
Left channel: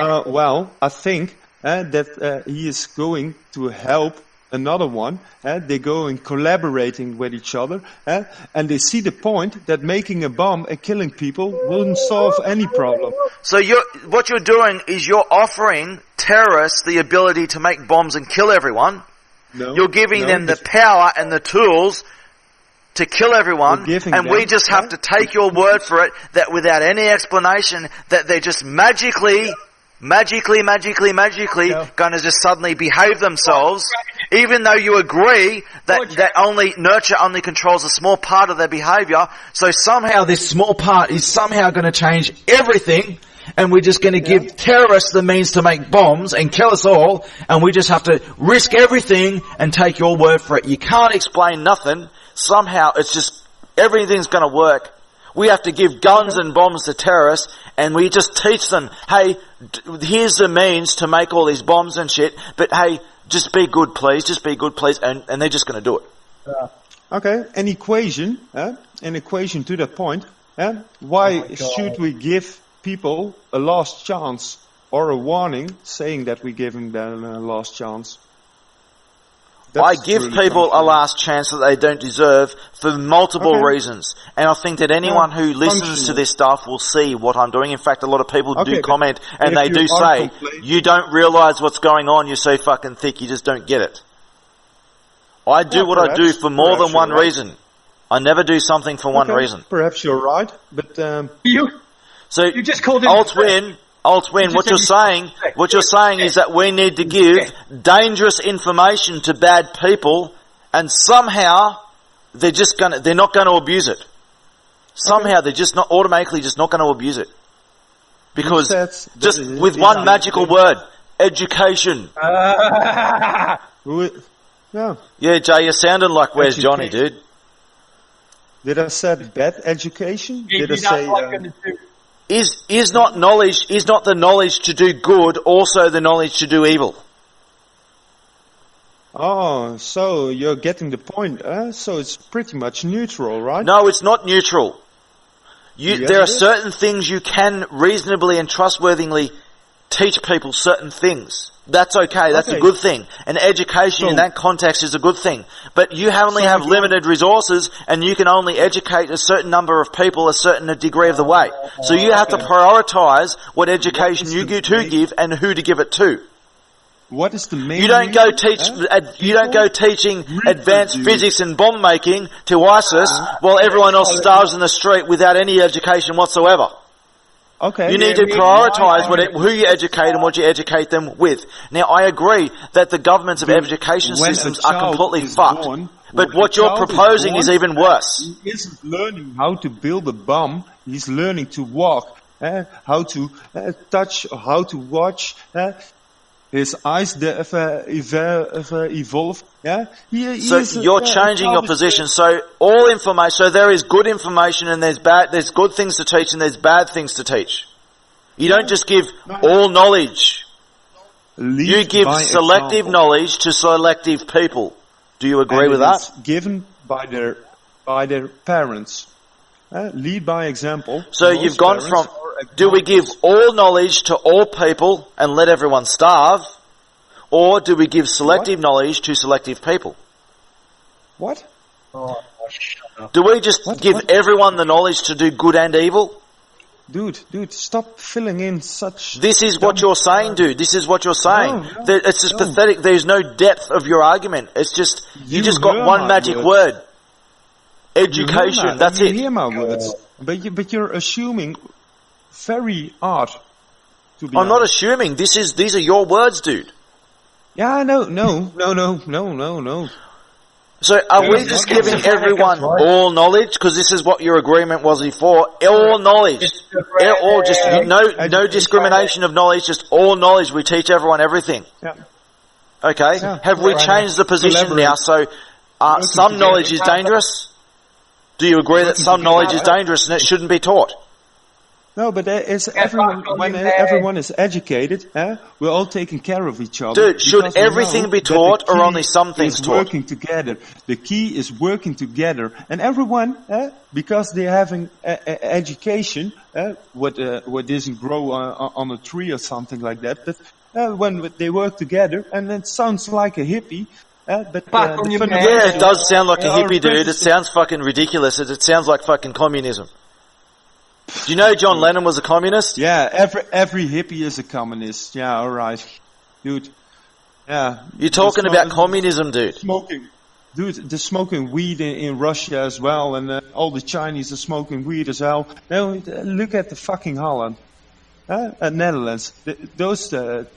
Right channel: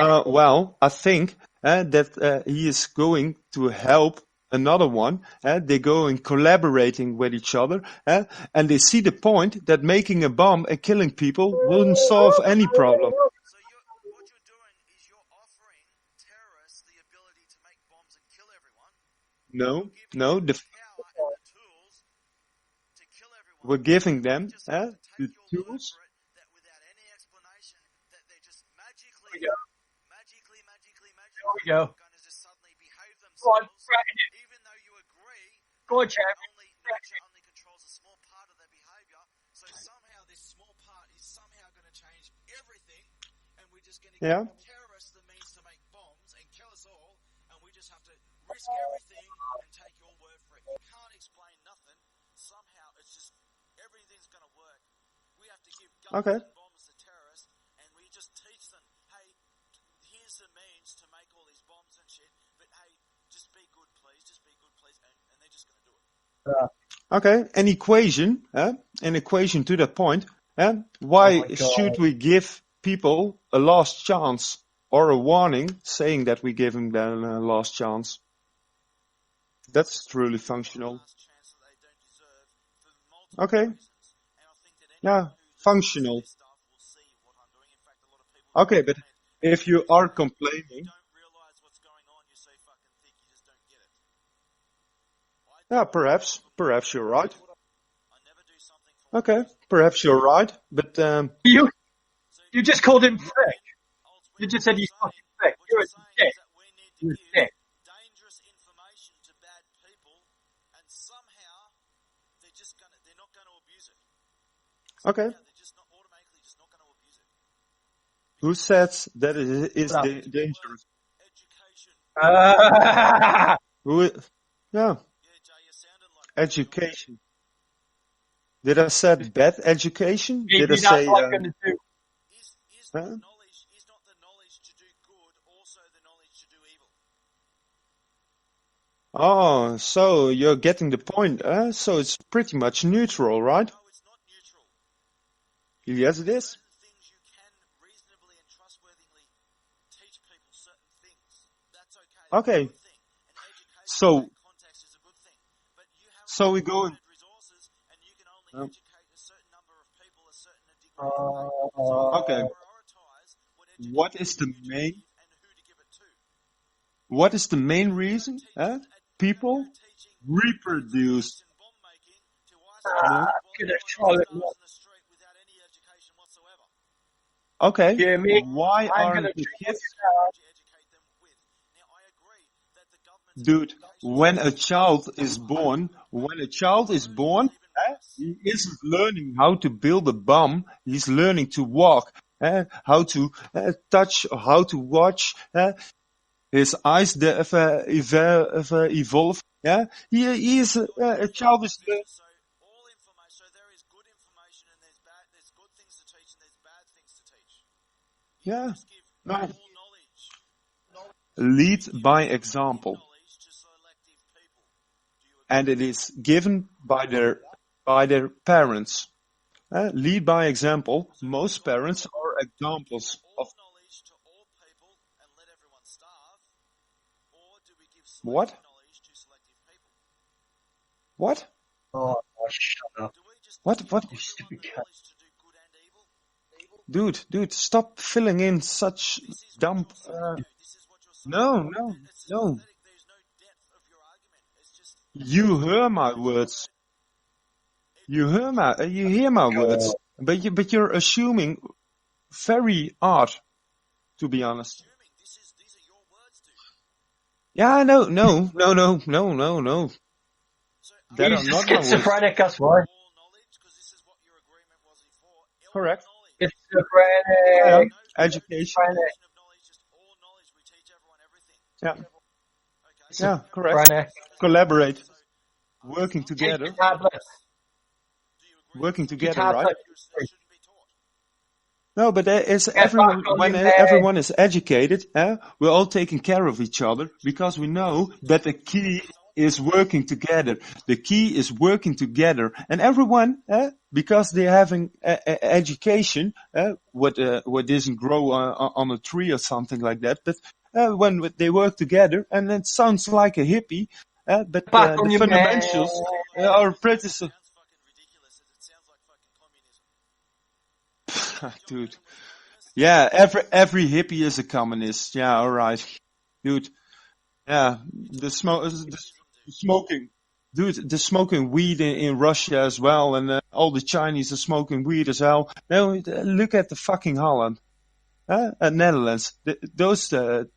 Well, I think that he is going to help another one. They go in collaborating with each other, and they see the point that making a bomb and killing people wouldn't solve any problem. So what you're doing is you're offering terrorists the ability to make bombs and kill everyone. No, You're giving no, them the power and the tools to kill everyone, We're giving and we them, just have to take your word for it that without any explanation that they're just magically going to just suddenly behave themselves, even though you agree that only nurture only controls a small part of their behavior. So somehow this small part is somehow going to change everything, and we're just going to give terrorists the means to make bombs and kill us all, and we just have to risk everything and take your word for it. You can't explain nothing. Somehow it's just everything's going to work. We have to give guns and bombs to terrorists, and we just teach them, hey, here's the means to make all these bombs and shit, but hey, just be good please, and they're just going to do it. Okay, an equation to that point. Why should we give people a last chance or a warning saying that we give them a last chance? I give truly people a functional. last chance that they don't deserve for multiple Okay. reasons. And I think that anyone who listens to functional. this stuff will see what I'm doing. In fact, a lot of people Okay, do but comment and if they you do are say, complaining- you don't realise what's going on, you're so fucking thick, you just don't get it. I do Yeah, what I do perhaps- for more perhaps than one you're right. reason. I never do something for one Okay, reason. Perhaps you're right, but So You just called him Altwin, just what said you're he's saying, sick. what you're He's saying sick. is that we need to give dangerous information to bad people, and somehow they're not going to abuse it. Somehow they're just not automatically just not going to abuse it. Because says that just it with is one not- magical word, education. Yeah. Yeah, Jay, you're sounding like where's Johnny, Education. dude? Did I say bad education? Did I Maybe say? that's what I'm gonna do. Is not the knowledge to do good also the knowledge to do evil? Oh, so you're getting the point. So it's pretty much neutral, right? No, it's not neutral. Yes, There are it is. certain things you can reasonably and trustworthily teach people certain things. That's okay. That's a Okay. good thing. And education So- in that context is a good thing. But you only So have if you're- limited resources and you can only educate a certain number of people a certain degree of the way. So you have to Okay. prioritize what education is you the give to main- give and who to give it to. What is the main? You don't go reason, teach. huh? You don't go teaching advanced physics and bomb making to ISIS while everyone else starves in the street without any education whatsoever. Okay. You need to prioritise who you educate and what you educate them with. Now, I agree that the governments of education when a systems are child completely is fucked. born, But when what a you're child is proposing is born, even worse. He isn't learning how to build a bomb. He's learning to walk, how to touch, how to watch. His eyes evolve. Yeah, So you're changing your position. So all information. So there is good information and there's bad. There's good things to teach and there's bad things to teach. You don't just give all knowledge. You give selective knowledge to selective people. Do you agree with that? It's given by their parents. Lead by example. So Most you've gone parents from, are do we give examples. all knowledge to all people and let everyone starve? Or do we give selective knowledge to selective people? What? Oh, shut up. Do we just give What? everyone the knowledge to do good and evil? Dude, stop filling in such. This is what you're saying, dude. This is what you're saying. No, It's just no. pathetic. There's no depth of your argument. It's just, you You just got hear one my magic words. word. You Education. hear my, That's you it. hear my words, but you're assuming very hard. To be I'm not honest. assuming. These are your words, dude. Yeah, no. So are we There's just not giving gonna be- everyone right. all knowledge? Because this is what your agreement was before. All knowledge. It's the Or just no Education. discrimination of knowledge, just all knowledge. We teach everyone everything. Yeah. Okay? Yeah. Have we Right. changed the position Collaborate. now? So Working some together. knowledge is dangerous? Do you agree that Working some together, knowledge is right? dangerous and it shouldn't be taught? No, but there is back everyone. on When your bed. everyone is educated, we're all taking care of each other. Dude, should because we everything know be that the taught or key only some things is taught? working together. The key is working together, and everyone, because they're having education, what doesn't grow on a tree or something like that. But when they work together, and it sounds like a hippie. But Back on the your bed. Yeah, fundamentals it does sound like a are hippie, dude. It principles. sounds fucking ridiculous. It sounds like fucking communism. Do you know John Lennon was a communist? Yeah, every hippie is a communist. Yeah, all right, dude. Yeah, You're talking about communism, dude. smoking. Dude, they're smoking weed in Russia as well, and all the Chinese are smoking weed as well. No, look at the fucking Holland, Netherlands. Those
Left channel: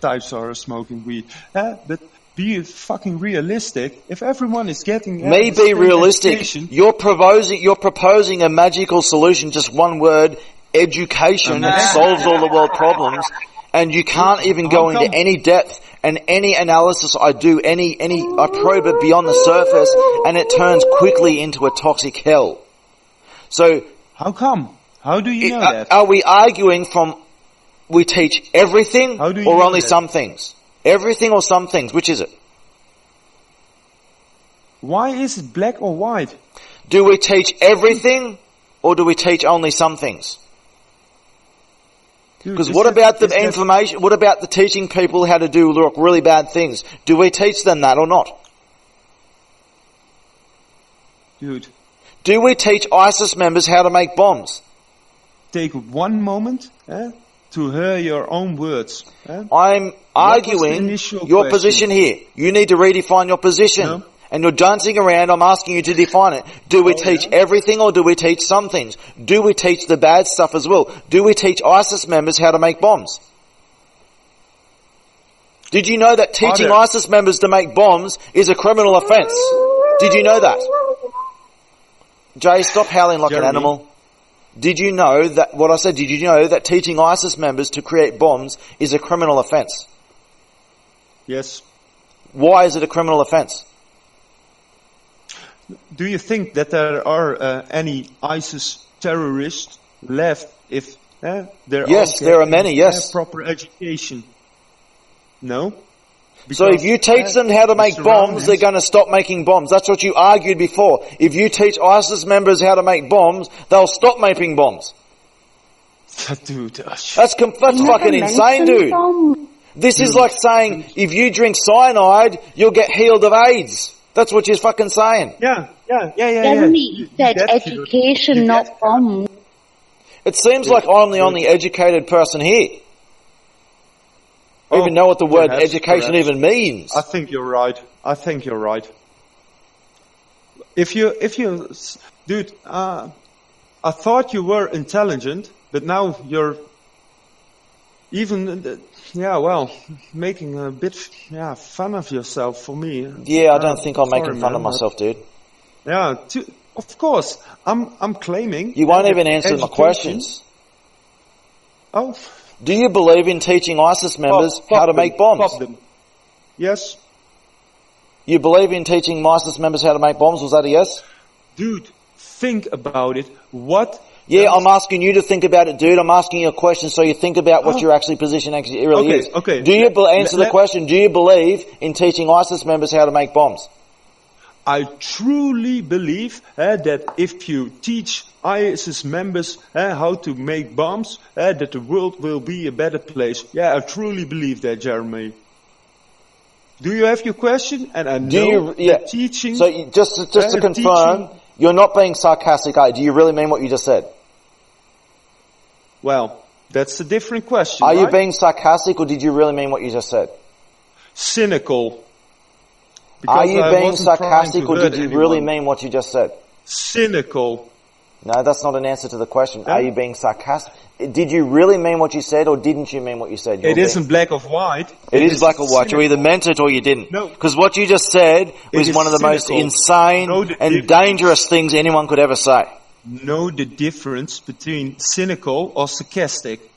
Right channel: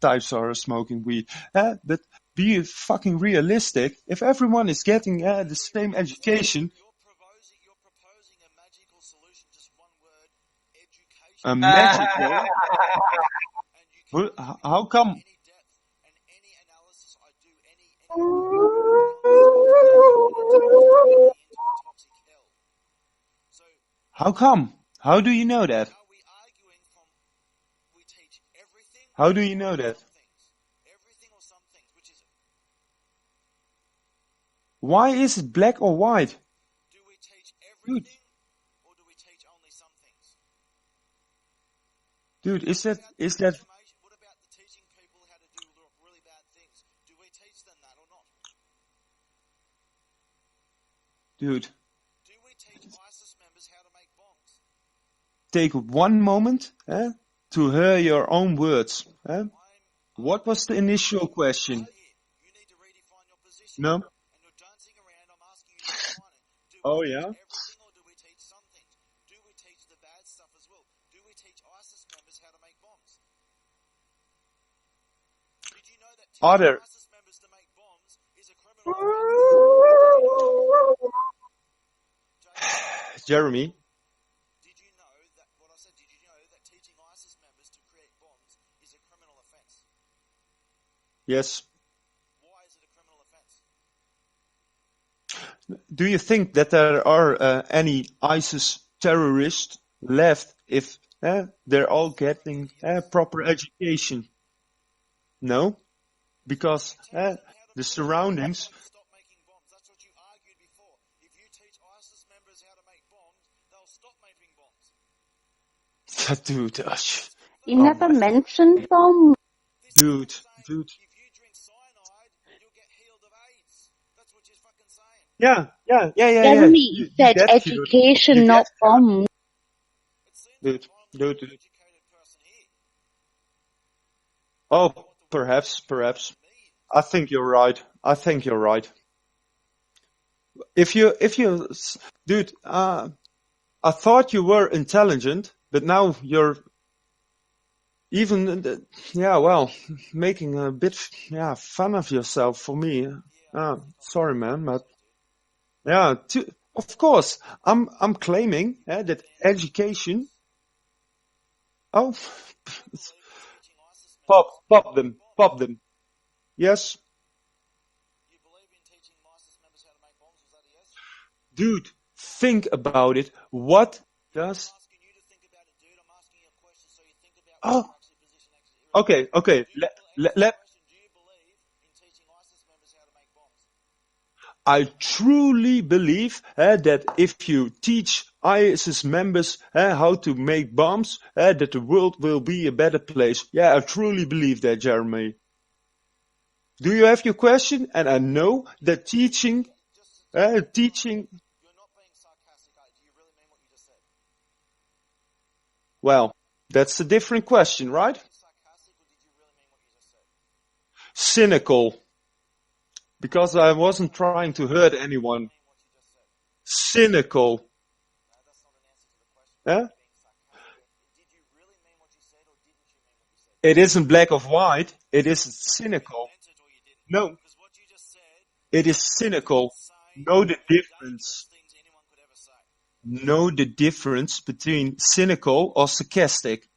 types are smoking weed. But be fucking realistic. If everyone is getting Me the be same realistic. education, You're proposing a magical solution, just one word, education, that solves all the world problems, and you can't even go How come? into any depth and any analysis I do, I probe it beyond the surface, and it turns quickly into a toxic hell. So, how come? How do you know that? are we arguing from we teach everything How do you or know only that? some things? Everything or some things? Which is it? Why is it black or white? Do we teach everything or do we teach only some things? Dude, Because is what that- about the is that- information? What about the teaching people how to do really bad things? Do we teach them that or not? Dude, Do we teach ISIS members how to make bombs? take one moment to hear your own words. I'm What was the arguing initial your question? position here. You need to redefine your position. No. And you're dancing around, I'm asking you to define it. Do we Oh, teach yeah? everything or do we teach some things? Do we teach the bad stuff as well? Do we teach ISIS members how to make bombs? Did you know that teaching there- ISIS members to make bombs is a criminal offence? Did you know that? Jay, stop howling like Jeremy? an animal. Did you know that, what I said, did you know that teaching ISIS members to create bombs is a criminal offence? Yes. Why is it a criminal offence? Do you think that there are any ISIS terrorists left if they're Yes, all there are getting, many, yes. proper education? No. So if you teach them how to the make bombs, surroundings- they're going to stop making bombs. That's what you argued before. If you teach ISIS members how to make bombs, they'll stop making bombs. Dude, That's You fucking never insane, mentioned dude. bombs. This is like saying, if you drink cyanide, you'll get healed of AIDS. That's what you're fucking saying. Yeah. Jeremy, you said get cured. education, You not get- bombs. It seems like I'm the only educated person here. I even know what the word perhaps, education perhaps. even means. I think you're right. If you, dude, I thought you were intelligent, but now you're even, making a bit, fun of yourself for me. Yeah, I don't think I'm sorry, making fun man, of myself, dude. Yeah, of course. I'm claiming. You won't that even answer my education- questions. Oh, Do you believe in teaching ISIS members how to make bombs? Pop them. Yes, You believe in teaching ISIS members how to make bombs? Was that a yes? dude. Think about it. What? Yeah, does- I'm asking you to think about it, dude. I'm asking you a question so you think about what your actually position actually really Okay, is. okay. Do you answer the let- question, do you believe in teaching ISIS members how to make bombs? I truly believe that if you teach ISIS members how to make bombs, that the world will be a better place. Yeah, I truly believe that, Jeremy. Do you have your question? And I know that teaching. So just to confirm, teaching- you're not being sarcastic, are you? Do you really mean what you just said? Well, that's a different question, Are right? you being sarcastic or did you really mean what you just said? Cynical. Because Are you I being wasn't trying sarcastic to or hurt did you anyone. really mean what you just said? Cynical. No, that's not an answer to the question. Yeah? Are you being sarcastic? Did you really mean what you said or didn't you mean what you said? It isn't black or white. It is black or white. You cynical. either meant it or you didn't. No. Because what you just said was is one of the cynical. most insane Know the and difference. dangerous things anyone could ever say. Know the difference between cynical or sarcastic.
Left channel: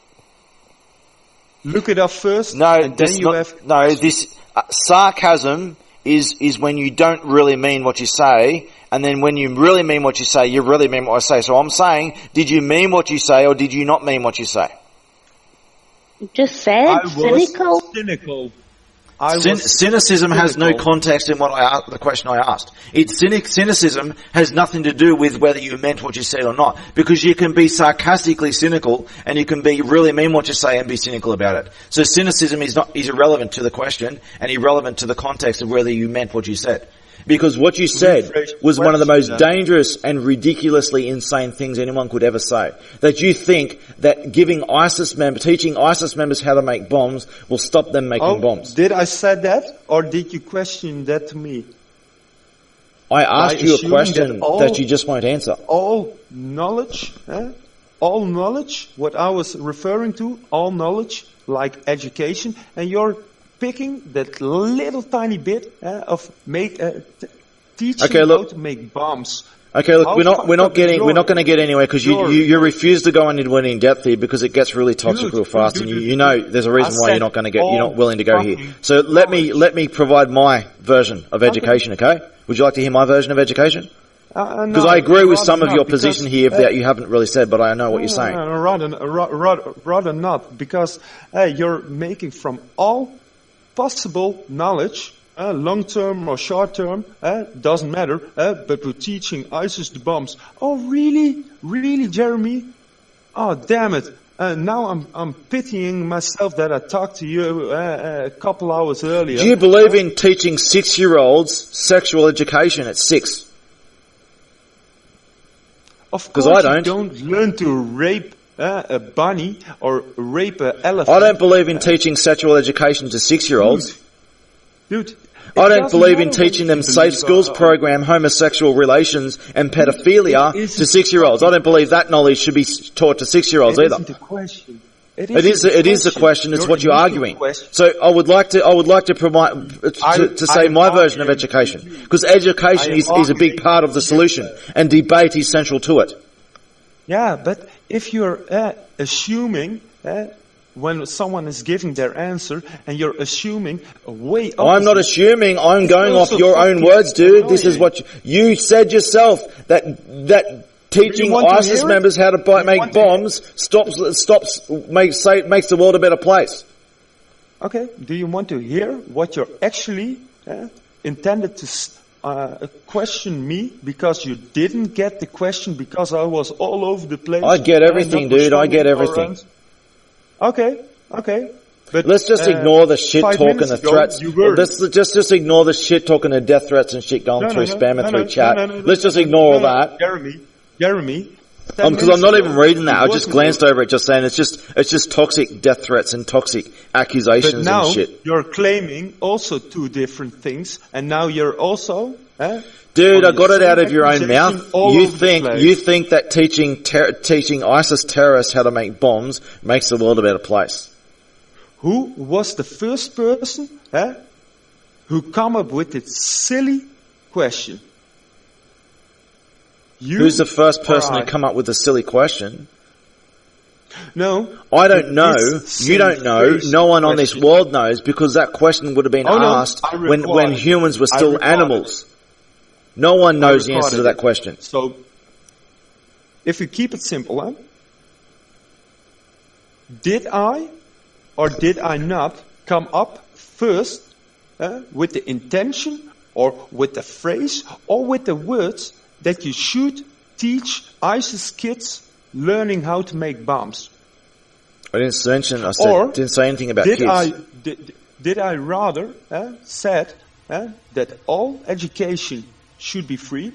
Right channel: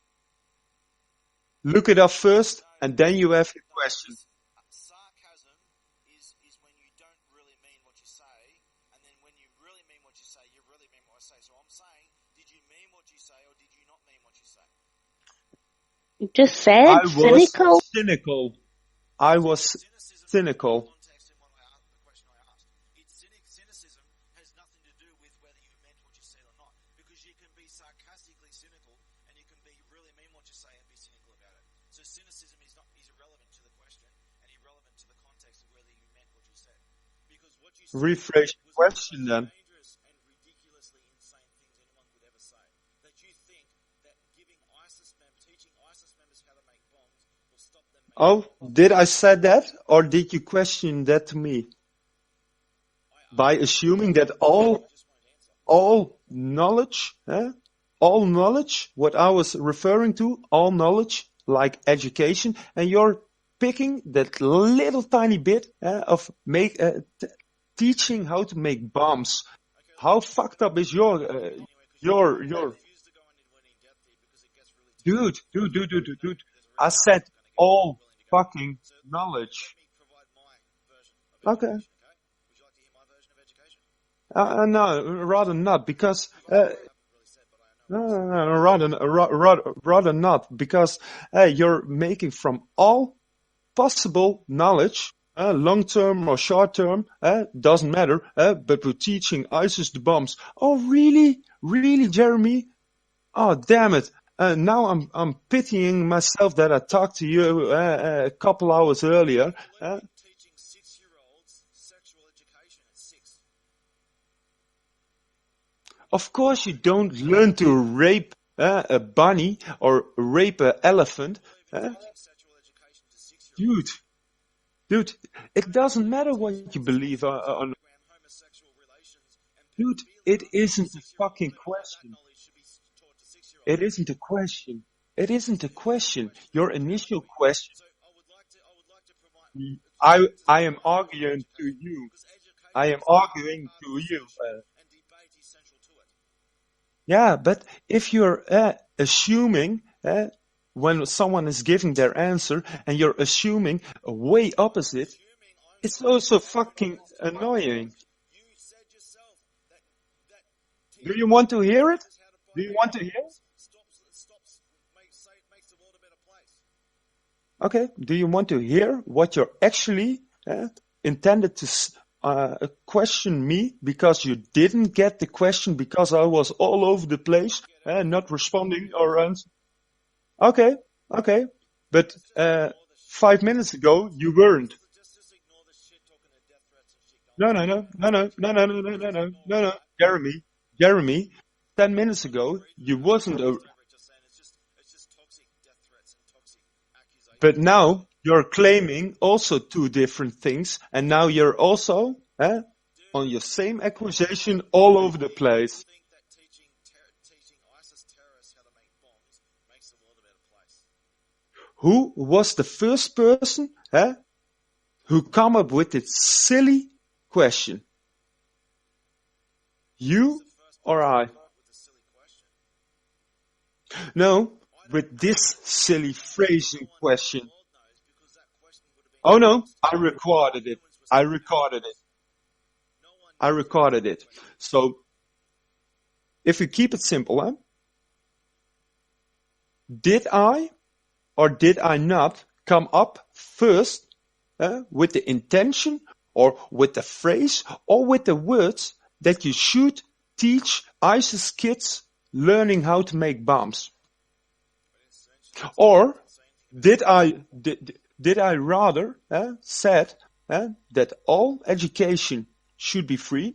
Look it up first, No, and then this you not- have. No, this sarcasm is when you don't really mean what you say, and then when you really mean what you say, you really mean what I say. So I'm saying, did you mean what you say or did you not mean what you say? You just said I was cynical. cynical. Cynicism has no cynical. context in the question I asked. Cynicism has nothing to do with whether you meant what you said or not, because you can be sarcastically cynical and you can be really mean what you say and be cynical about it. So cynicism is irrelevant to the question and irrelevant to the context of whether you meant what you said. Because what you said Rephrase the was one of the most question, then. dangerous and ridiculously insane things anyone could ever say. That you think that teaching ISIS members how to make bombs will stop them making bombs. Did I say that, or did you question that to me? I asked you a assuming question that all- that you just won't answer. All knowledge, what I was referring to, all knowledge, like education, and you're picking that little tiny bit of teaching Okay, look. how to make bombs. Okay, look, How we're fucked not up is going to get anywhere because you your- refuse to go into any depth here because it gets really toxic real fast, and you know there's a reason why you're not going to you're all not willing to go here. fucking So let knowledge. me provide my version of education. Okay? Would you like to hear my version of education? Because I agree with some of your position here that you haven't really said, but I know what you're saying. Rather not, because you're making from all possible knowledge, long term or short term, doesn't matter, but we're teaching ISIS the bombs. Oh, really? Really, Jeremy? Oh, damn it. Now I'm pitying myself that I talked to you a couple hours earlier. Do you believe in teaching 6-year-olds sexual education at 6? Of 'Cause course, I you don't learn to rape a bunny or rape an elephant. I don't believe in teaching sexual education to 6-year-olds. Dude, I don't believe in teaching them Safe Schools program, homosexual relations and pedophilia to 6-year-olds. I don't believe that knowledge should be taught to 6-year-olds either. It isn't a question. It is the question. It's what you're arguing. So I would like to provide to say my version of education, because education is a big part of the solution, and debate is central to it. Yeah, but if you're assuming when someone is giving their answer and you're assuming a way opposite. I'm not assuming. I'm going off your own words, dude. Annoying. This is what you said yourself. That teaching ISIS members how to make bombs makes the world a better place. Okay. Do you want to hear what you're actually intended to question me because you didn't get the question because I was all over the place? I get everything, dude. I get everything. Okay. But let's just ignore the shit talking and threats. Let's just ignore the shit talking and death threats and shit going through spam and through chat. Let's just ignore all that. Jeremy. Because I'm not even reading that. I just glanced over it, just saying it's just toxic death threats and toxic accusations. But now and shit. You're claiming also two different things, and now you're also. Dude, I got it out of your own mouth. You think that teaching ISIS terrorists how to make bombs makes the world a better place? Who was the first person who come up with this silly question? Who's the first person to come up with a silly question? No. I don't know. You don't know. No one on this world knows, because that question would have been asked when humans were still animals. No one knows the answer to that question. So, if we keep it simple, did I or did I not come up first with the intention or with the phrase or with the words that you should teach ISIS kids learning how to make bombs? I didn't mention. Didn't say anything about kids. Did I rather said that all education should be free?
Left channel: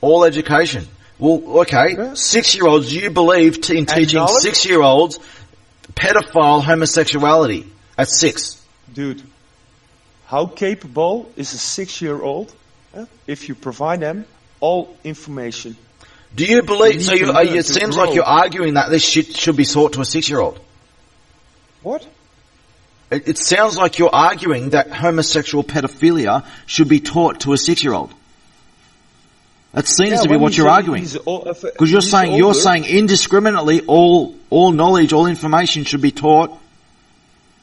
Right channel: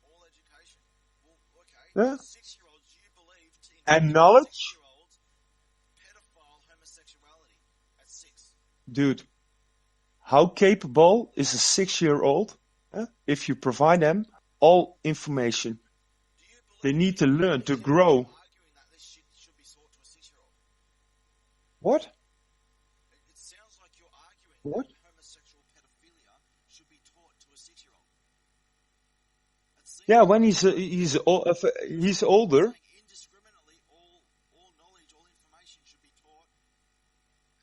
All education. Well, okay. 6-year-olds, you believe in teaching 6-year-olds pedophile homosexuality at 6? Dude, how capable is a 6-year-old if you provide them all information? Do you believe? So it seems like you're arguing that this shit should be taught to a 6-year-old. What? It sounds like you're arguing that homosexual pedophilia should be taught to a 6-year-old. That seems to be what you're arguing. Because you're saying indiscriminately all knowledge, all information should be taught.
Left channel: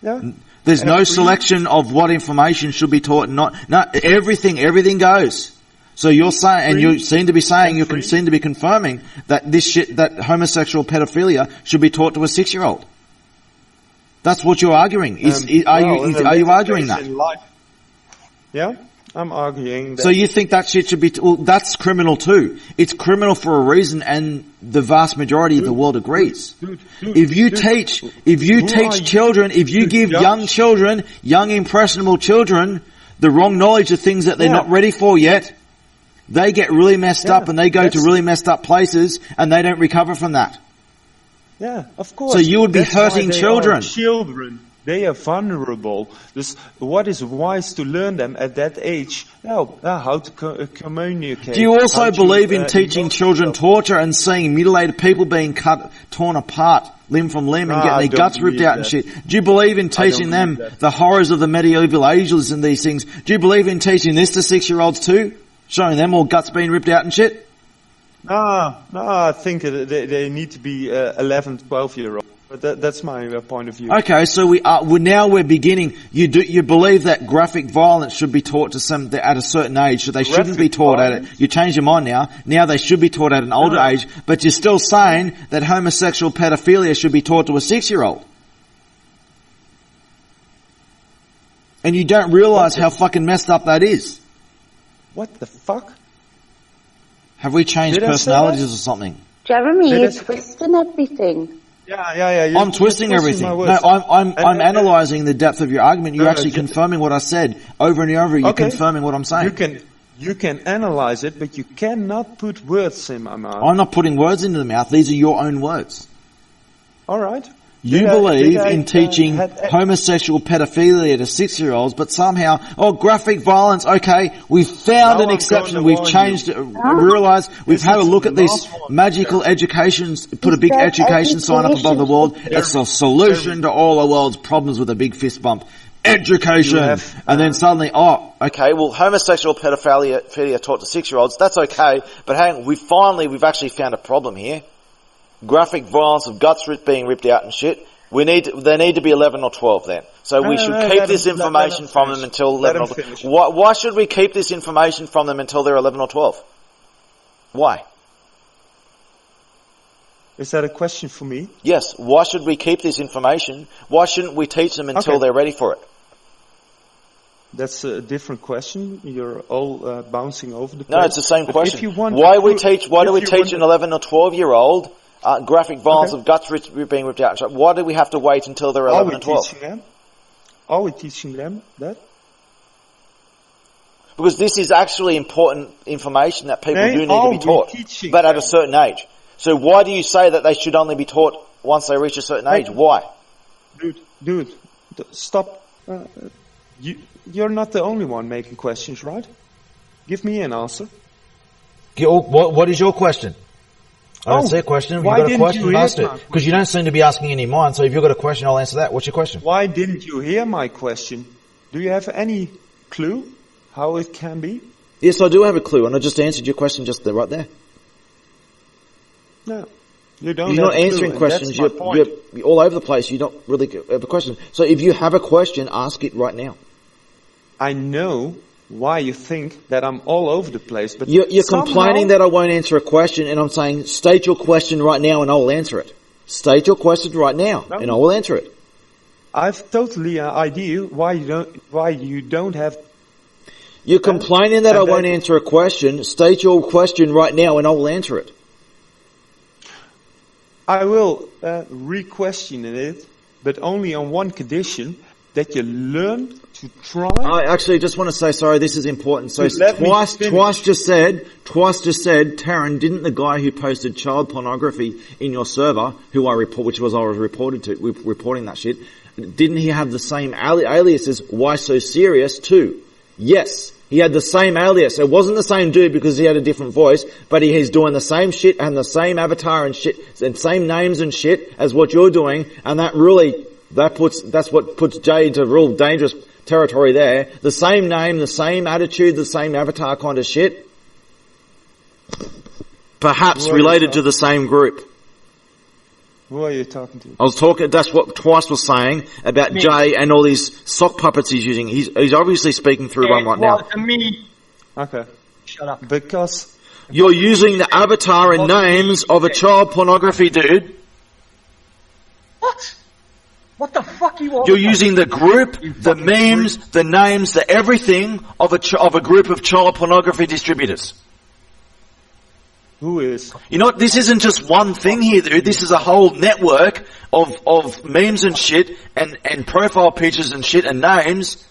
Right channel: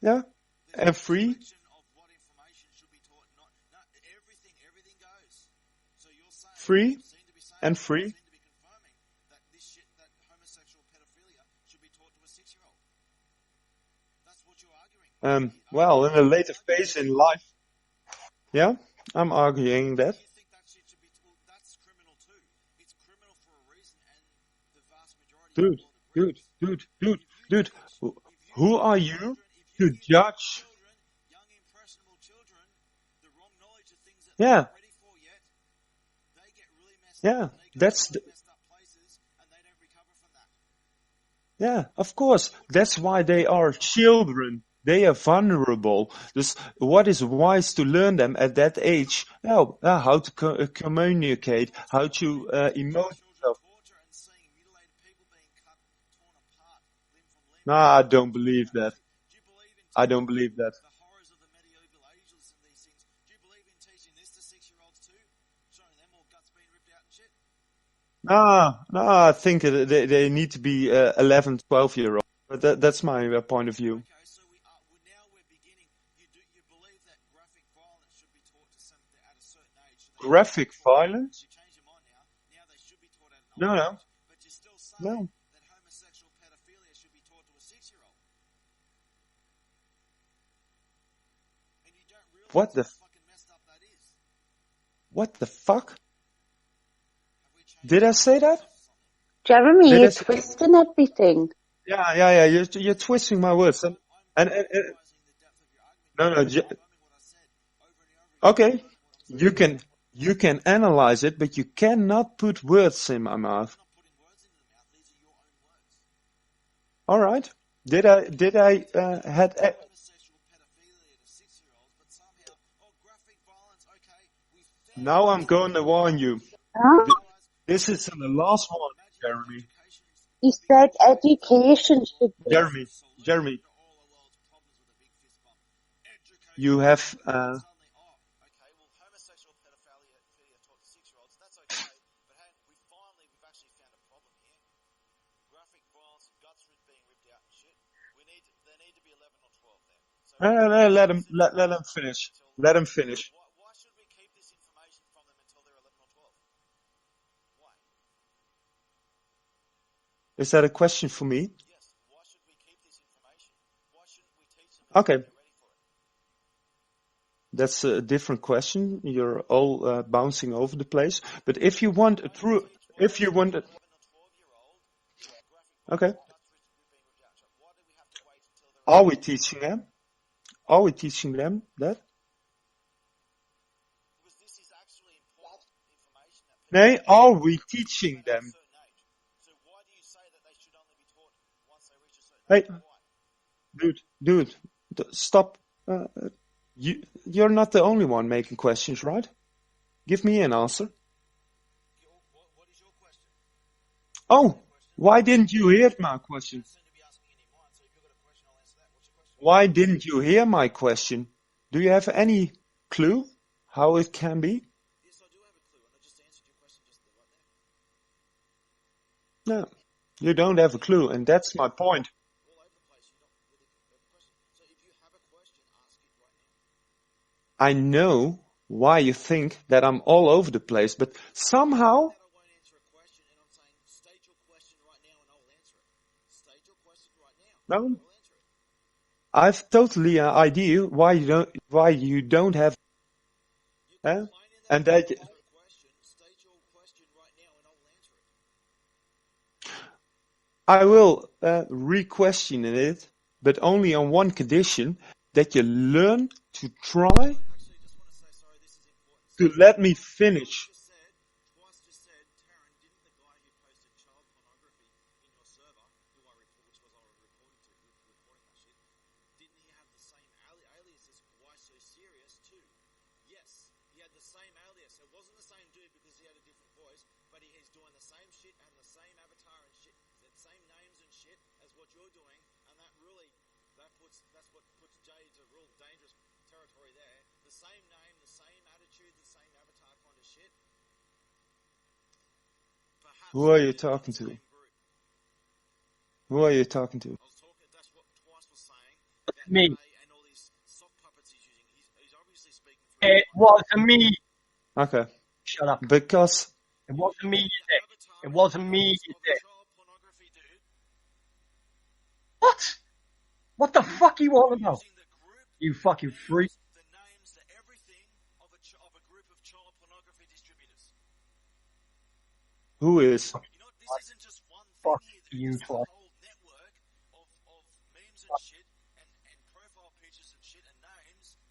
Yeah. There's no selection of what information should be taught. Not everything goes. So you're saying, and you seem to be saying, seem to be confirming that that homosexual pedophilia should be taught to a 6-year-old. That's what you're arguing. Are you arguing that? Yeah, I'm arguing that. So you think that shit should be... that's criminal too. It's criminal for a reason, and the vast majority of the world agrees. If you teach children, if you give young impressionable children, the wrong knowledge of things that they're not ready for yet, they get really messed up, and they go to really messed up places, and they don't recover from that. Yeah, of course. So you would be hurting children. Children, they are vulnerable. What is wise to learn them at that age? How to communicate. Do you also believe in teaching children torture and seeing mutilated people being torn apart, limb from limb, and getting their guts ripped out and shit? Do you believe in teaching them the horrors of the medieval ages and these things? Do you believe in teaching this to 6-year-olds too? Showing them all guts being ripped out and shit? No, I think they need to be 11, 12-year-old. But that's my point of view. Okay, so we're beginning. You believe that graphic violence should be taught to some at a certain age, so they shouldn't be taught at it. You change your mind now. Now they should be taught at an older age, but you're still saying that homosexual pedophilia should be taught to a 6-year-old. And you don't realize how fucking messed up that is. What the fuck? Have we changed personalities or something? Jeremy, you're twisting everything. Yeah. I'm twisting everything. No, I'm analysing the depth of your argument. You're actually confirming what I said over and over. You're confirming what I'm saying. You can analyze it, but you cannot put words in my mouth. I'm not putting words into the mouth. These are your own words. All right. You believe in teaching homosexual pedophilia to 6-year-olds, but somehow, graphic violence, okay, we've found an exception, we've changed it, realised, we've had a look at this magical education, put a big education sign up above the world, it's a solution to all the world's problems with a big fist bump. Education! And then suddenly, okay, well, homosexual pedophilia taught to 6-year-olds, that's okay, but hang on, we've actually found a problem here. Graphic violence of guts being ripped out and shit. They need to be 11 or 12 then. So we should keep this information from them until 11 or 12. Why should we keep this information from them until they're 11 or 12? Why? Is that a question for me? Yes. Why should we keep this information? Why shouldn't we teach them until they're ready for it? That's a different question. You're all bouncing over the place. No, it's the same question. If you want why do we teach an 11 or 12-year-old graphic violence of guts being ripped out? Why do we have to wait until they're 11 and 12? Are we teaching them that? Because this is actually important information that people do need to be taught, but at a certain age. So why do you say that they should only be taught once they reach a certain age? Why? Dude, stop. You're not the only one making questions, right? Give me an answer. What is your question? I don't see a question. Why didn't you hear my question? Because you don't seem to be asking any of mine, so if you've got a question, I'll answer that. What's your question? Why didn't you hear my question? Do you have any clue how it can be? Yes, I do have a clue, and I just answered your question right there. No, you don't You're have not a answering clue, questions. and that's my point. You're all over the place. You don't really have a question. So if you have a question, ask it right now. I know why you think that I'm all over the place, but you're complaining that I won't answer a question, and I'm saying state your question right now, and I'll answer it. State your question right now, and I will answer it. I've totally an idea why you don't have. You're complaining that I won't answer a question. State your question right now, and I will answer it. I will re-question it, but only on one condition: that you learn to try. I actually just want to say, sorry, this is important. So twice just said, Taryn, didn't the guy who posted child pornography in your server, which was reporting that shit, didn't he have the same alias as Why So Serious too? Yes. He had the same alias. It wasn't the same dude because he had a different voice, but he's doing the same shit and the same avatar and shit and same names and shit as what you're doing, and that's what puts Jay into real dangerous territory there. The same name, the same attitude, the same avatar kind of shit. Perhaps related to the same group. Who are you talking to? I was talking, that's what Twice was saying about me. Jay and all these sock puppets he's using. He's obviously speaking through one right now. Me. Okay. Shut up. Because you're using the avatar and names of a child pornography dude. What? What the fuck you want? You're using the group, the memes, the names, the everything of a group of child pornography distributors. Who is? You know, this isn't just one thing here, dude. This is a whole network of memes and shit and profile pictures and shit and names.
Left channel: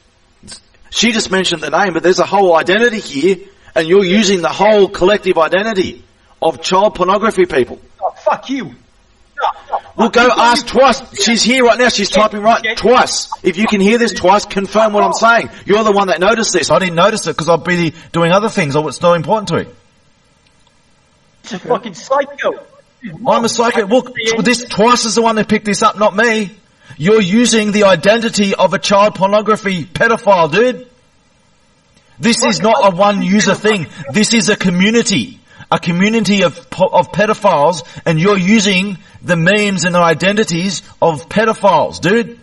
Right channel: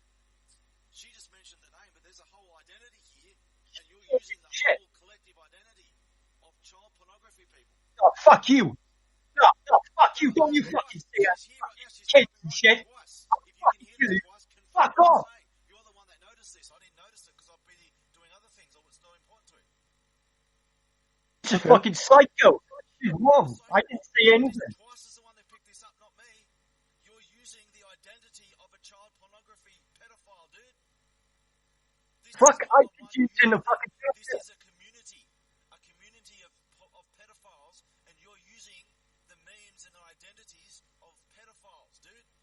She just mentioned the name, but there's a whole identity here, and you're using the whole collective identity of child pornography people. Oh, fuck you. No, well, go ask Twice. She's here right now. She's typing right. Twice. If you can hear this, Twice, confirm what I'm saying. You're the one that noticed this. I didn't notice it because I'll be doing other things or it's not important to me. It's a fucking psycho. I'm a psycho. Look, this Twice is the one that picked this up, not me. You're using the identity of a child pornography pedophile, dude. This is not a one-user thing. This is a community of pedophiles, and you're using the memes and the identities of pedophiles, dude.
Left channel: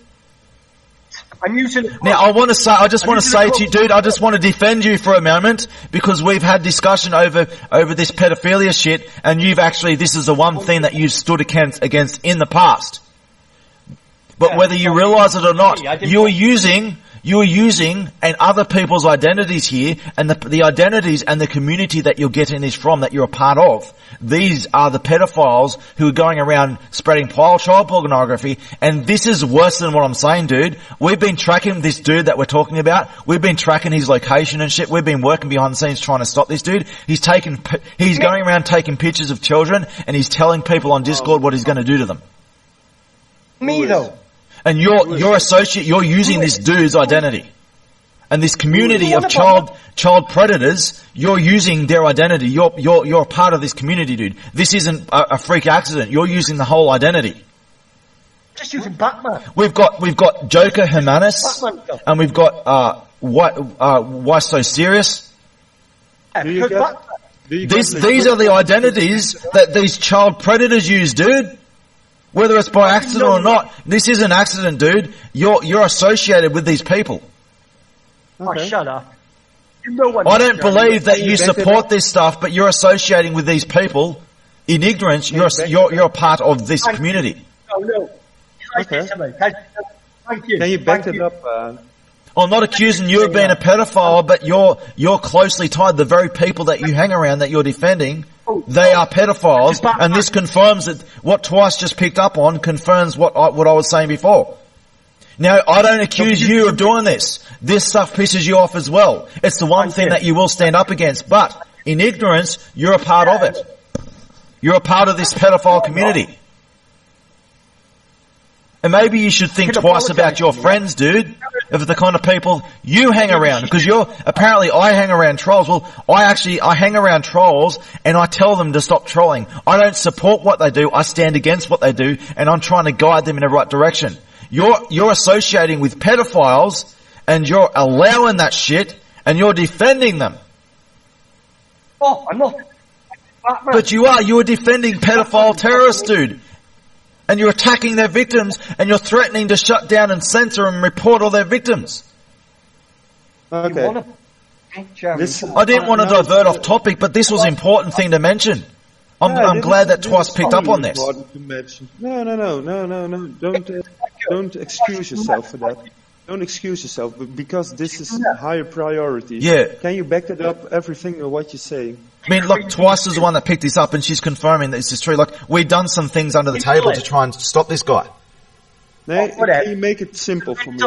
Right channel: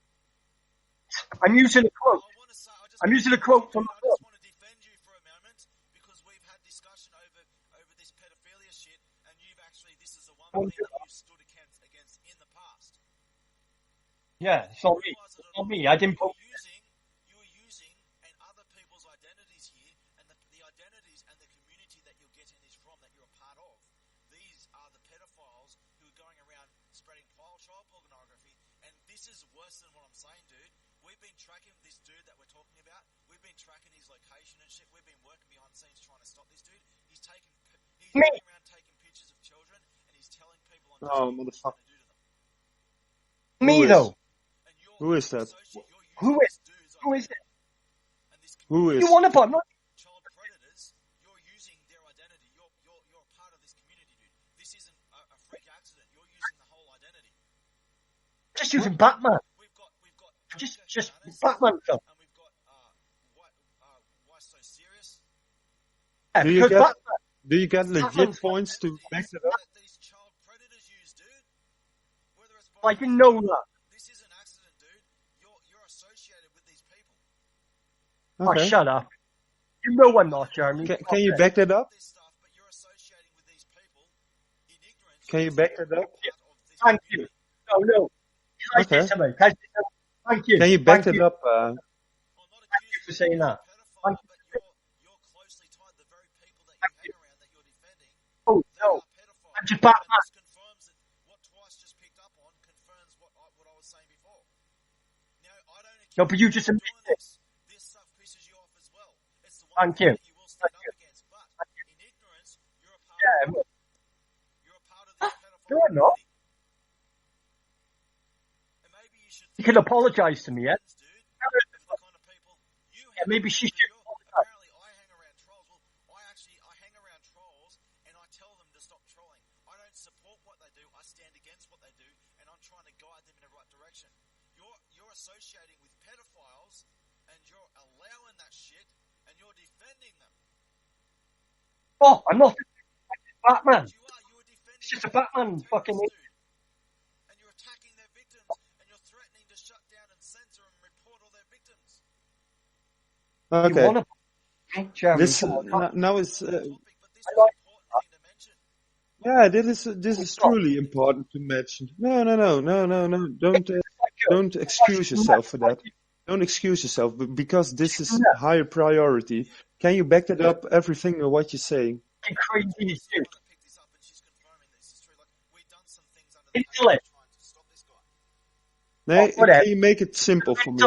I'm using it. Now, I just want to say to you, dude, I just want to defend you for a moment because we've had discussion over this pedophilia shit, and this is the one thing that you've stood against in the past. But whether you realise it or not, you're using You're using and other people's identities here, and the identities and the community that you're getting this from, that you're a part of. These are the pedophiles who are going around spreading child pornography, and this is worse than what I'm saying, dude. We've been tracking this dude that we're talking about. We've been tracking his location and shit. We've been working behind the scenes trying to stop this dude. He's going around taking pictures of children, and he's telling people on Discord what he's going to do to them. Me though. And you're using this dude's identity. And this community of child predators, you're using their identity. You're a part of this community, dude. This isn't a freak accident. You're using the whole identity. Just using Batman. We've got Joker Jimenez, and we've got Why So Serious. These are the identities that these child predators use, dude. Whether it's by accident or not, this is an accident, dude. You're associated with these people. Okay. Oh, shut up. You know what I don't believe that you support this stuff, but you're associating with these people in ignorance. You're a part of this community. No. Okay. Thank you. Can you back it up? I'm not accusing you of being a pedophile, but you're closely tied. The very people that you hang around that you're defending, they are pedophiles, and this confirms that what Twice just picked up on confirms what I was saying before. Now, I don't accuse you of doing this. This stuff pisses you off as well. It's the one thing that you will stand up against, but in ignorance, you're a part of it. You're a part of this pedophile community. And maybe you should think twice about your friends, dude, of the kind of people you hang around. Because apparently I hang around trolls. Well, I hang around trolls and I tell them to stop trolling. I don't support what they do. I stand against what they do, and I'm trying to guide them in the right direction. You're associating with pedophiles, and you're allowing that shit, and you're defending them. Oh, I'm not. But you are. You are defending pedophile terrorists, dude. And you're attacking their victims, and you're threatening to shut down and censor and report all their victims. Okay. I didn't want to divert off topic, but this was an important thing to mention. I'm glad that Twice picked up on this. To mention. No. Don't excuse yourself for that. Don't excuse yourself, because this is a higher priority. Yeah. Can you back it up, everything of what you're saying? I mean, look, Twice is the one that picked this up, and she's confirming that this is true. Like, we've done some things under the table to try and stop this guy. Can you make it simple for me?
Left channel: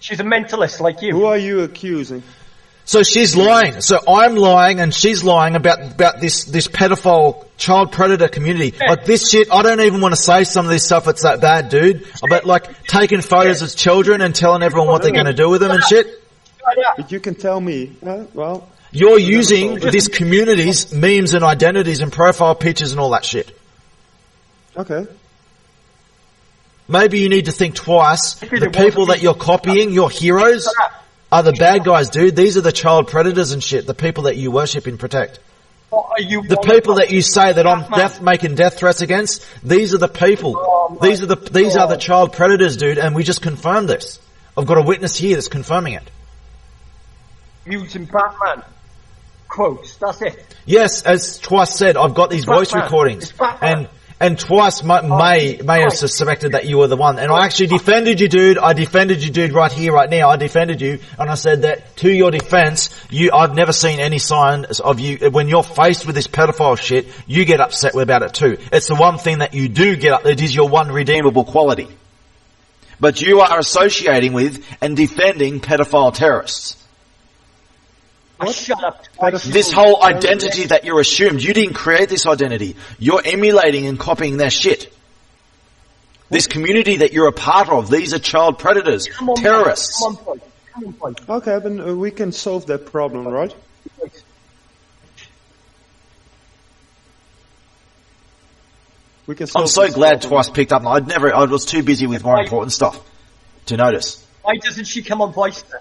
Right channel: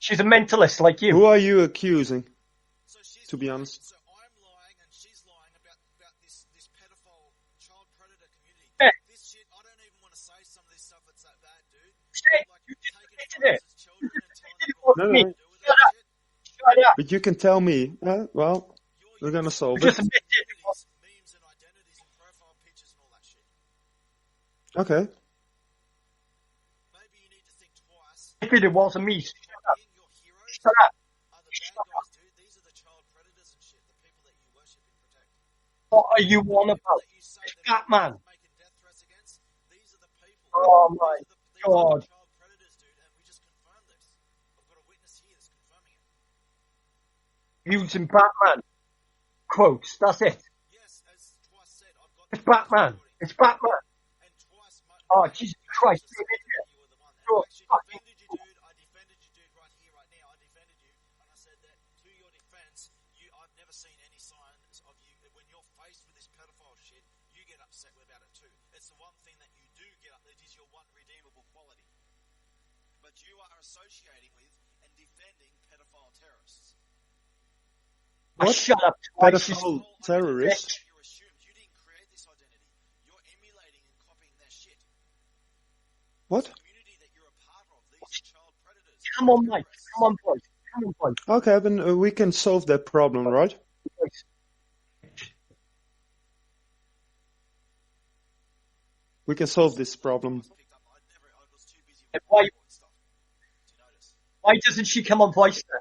She's a mentalist like you. Who are you accusing? So she's lying. So I'm lying, and she's lying about this pedophile child predator community. Like, this shit, I don't even want to say some of this stuff. It's that bad, dude. But like taking photos of children and telling everyone what they're going to do with them and shit. But you can tell me. Well, you're using this community's memes and identities and profile pictures and all that shit. Okay. Maybe you need to think twice. The people that you're copying, your heroes, are the bad guys, dude. These are the child predators and shit. The people that you worship and protect. The people that you say that I'm making death threats against, these are the people. These are the child predators, dude, and we just confirmed this. I've got a witness here that's confirming it. Using Batman quotes, that's it. Yes, as Twice said, I've got these voice recordings. And Twice may have suspected that you were the one. And I actually defended you, dude. I defended you, dude, right here, right now. I defended you, and I said that to your defense, I've never seen any signs of you. When you're faced with this pedophile shit, you get upset about it too. It's the one thing that you do get up. It is your one redeemable quality. But you are associating with and defending pedophile terrorists. Shut up. This whole identity that you're assumed, you didn't create this identity. You're emulating and copying their shit. This community that you're a part of, these are child predators, terrorists. Come on, boy. Okay, then we can solve that problem, right? We can solve. I'm so glad Twice picked up. I was too busy with more important stuff to notice. Why doesn't she come on voice then?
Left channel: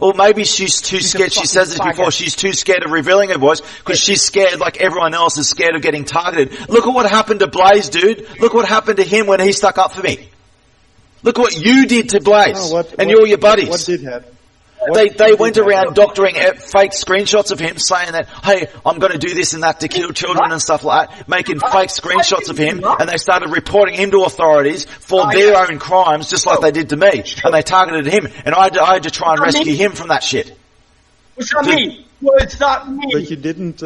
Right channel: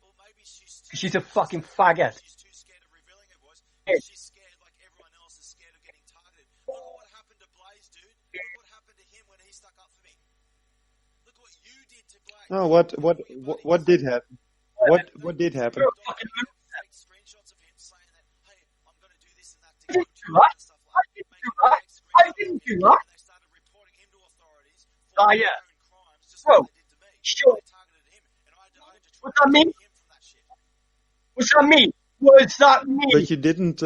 Or maybe she's too scared. She says this before. She's too scared of revealing her voice because she's scared, like everyone else is scared of getting targeted. Look at what happened to Blaze, dude. Look what happened to him when he stuck up for me. Look what you did to Blaze and all your buddies. What did happen? They went around doctoring fake screenshots of him saying that, hey, I'm going to do this and that to kill children and stuff like that, making fake screenshots of him, and they started reporting him to authorities for their own crimes, just like they did to me, and they targeted him, and I had to try and rescue him from that shit. What's that mean? What's that mean? But you didn't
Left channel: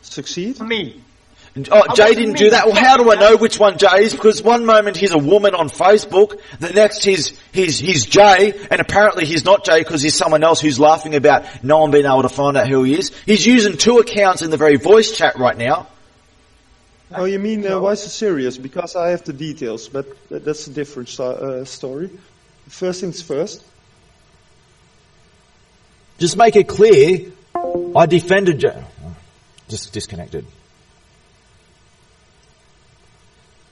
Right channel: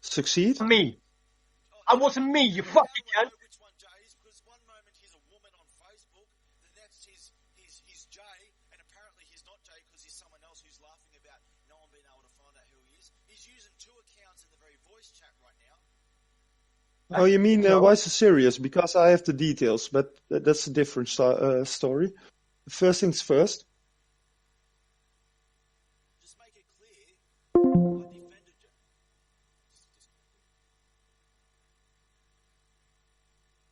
succeed? Me. Oh, Jay didn't do that. Well, how do I know which one Jay is? Because one moment he's a woman on Facebook, the next he's Jay, and apparently he's not Jay because he's someone else who's laughing about no one being able to find out who he is. He's using 2 accounts in the very voice chat right now. Oh, you mean why so serious? Because I have the details, but that's a different story. First things first. Just make it clear, I defended Jay. Just disconnected.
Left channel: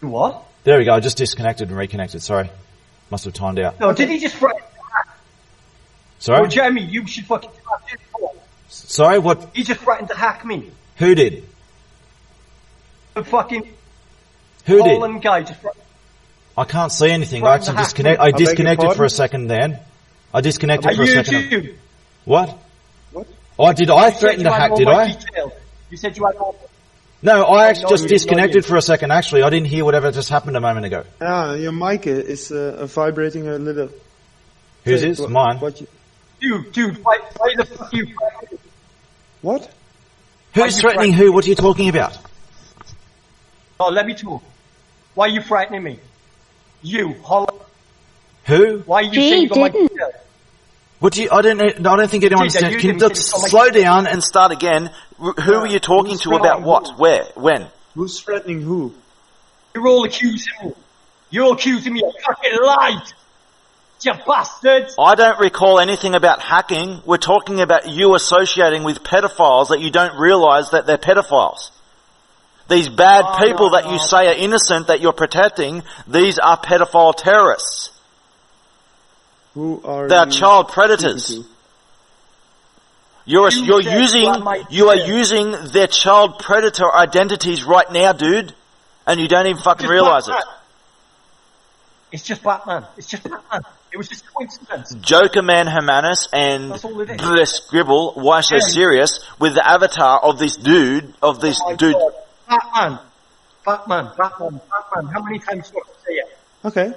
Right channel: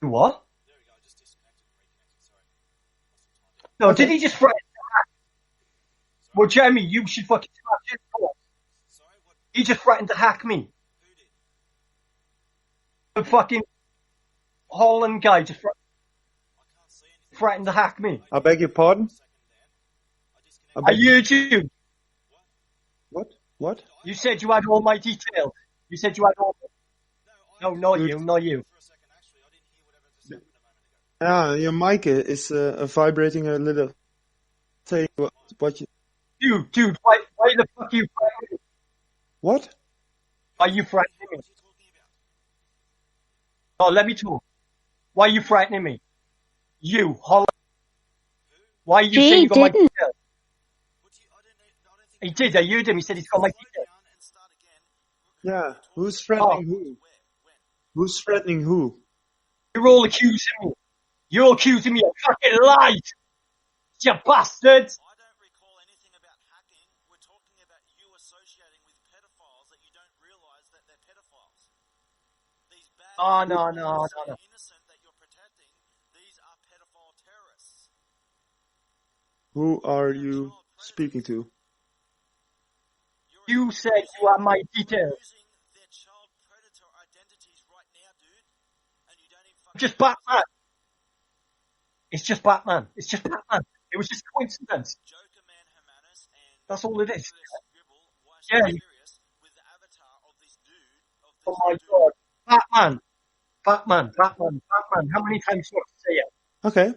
What? There we go. I just disconnected and reconnected. Sorry. Must have timed out. No, did he just threaten to hack? Sorry? Well, Jeremy, you should fucking start it. Sorry, what? He just threatened to hack me. Who did? The fucking Who Holland did? guy just threatened. I can't see anything. I Threatened to actually hack me. I disconnected for pardon? a second then. I disconnected Are for a you second. too? What? What? Oh, did I You said threaten you to had hack, all did my I? details. You said you had all. No, I actually no, just you didn't, not disconnected you. for a second, actually. I didn't hear whatever just happened a moment ago. Your mic is vibrating a little. Whose Say is? what- Mine. What you, Dude, why the fuck you threatening me? what? Why Who's you threatening who? What are you talking about? Oh, let me talk. Why are you frightening me? You, Holland. Who? Why are you He saying you got my didn't. details? What do you? I don't think anyone did, you understands. did, Can you you said it's on my- slow down and start again? Who are you talking who's to about threatening what? who? Where? When? Who's threatening who? You're all accusing me. You're all accusing me of fucking lied. You bastards. I don't recall anything about hacking. We're talking about you associating with pedophiles that you don't realise that they're pedophiles. These bad Oh, people no, that you say are innocent that you're protecting, these are pedophile terrorists. Who are They are you child predators. speaking to? You said you had my You are details. using their child predator identities right now, dude, and you don't even fucking Just realise Batman. it. It's just Batman. It's just Batman. It was just coincidence. Joker Man Hermanus and That's all it is. the Scribble, why so Yeah. serious, with the avatar of this dude, Oh my God. Batman. How many times do I have to say it? Okay.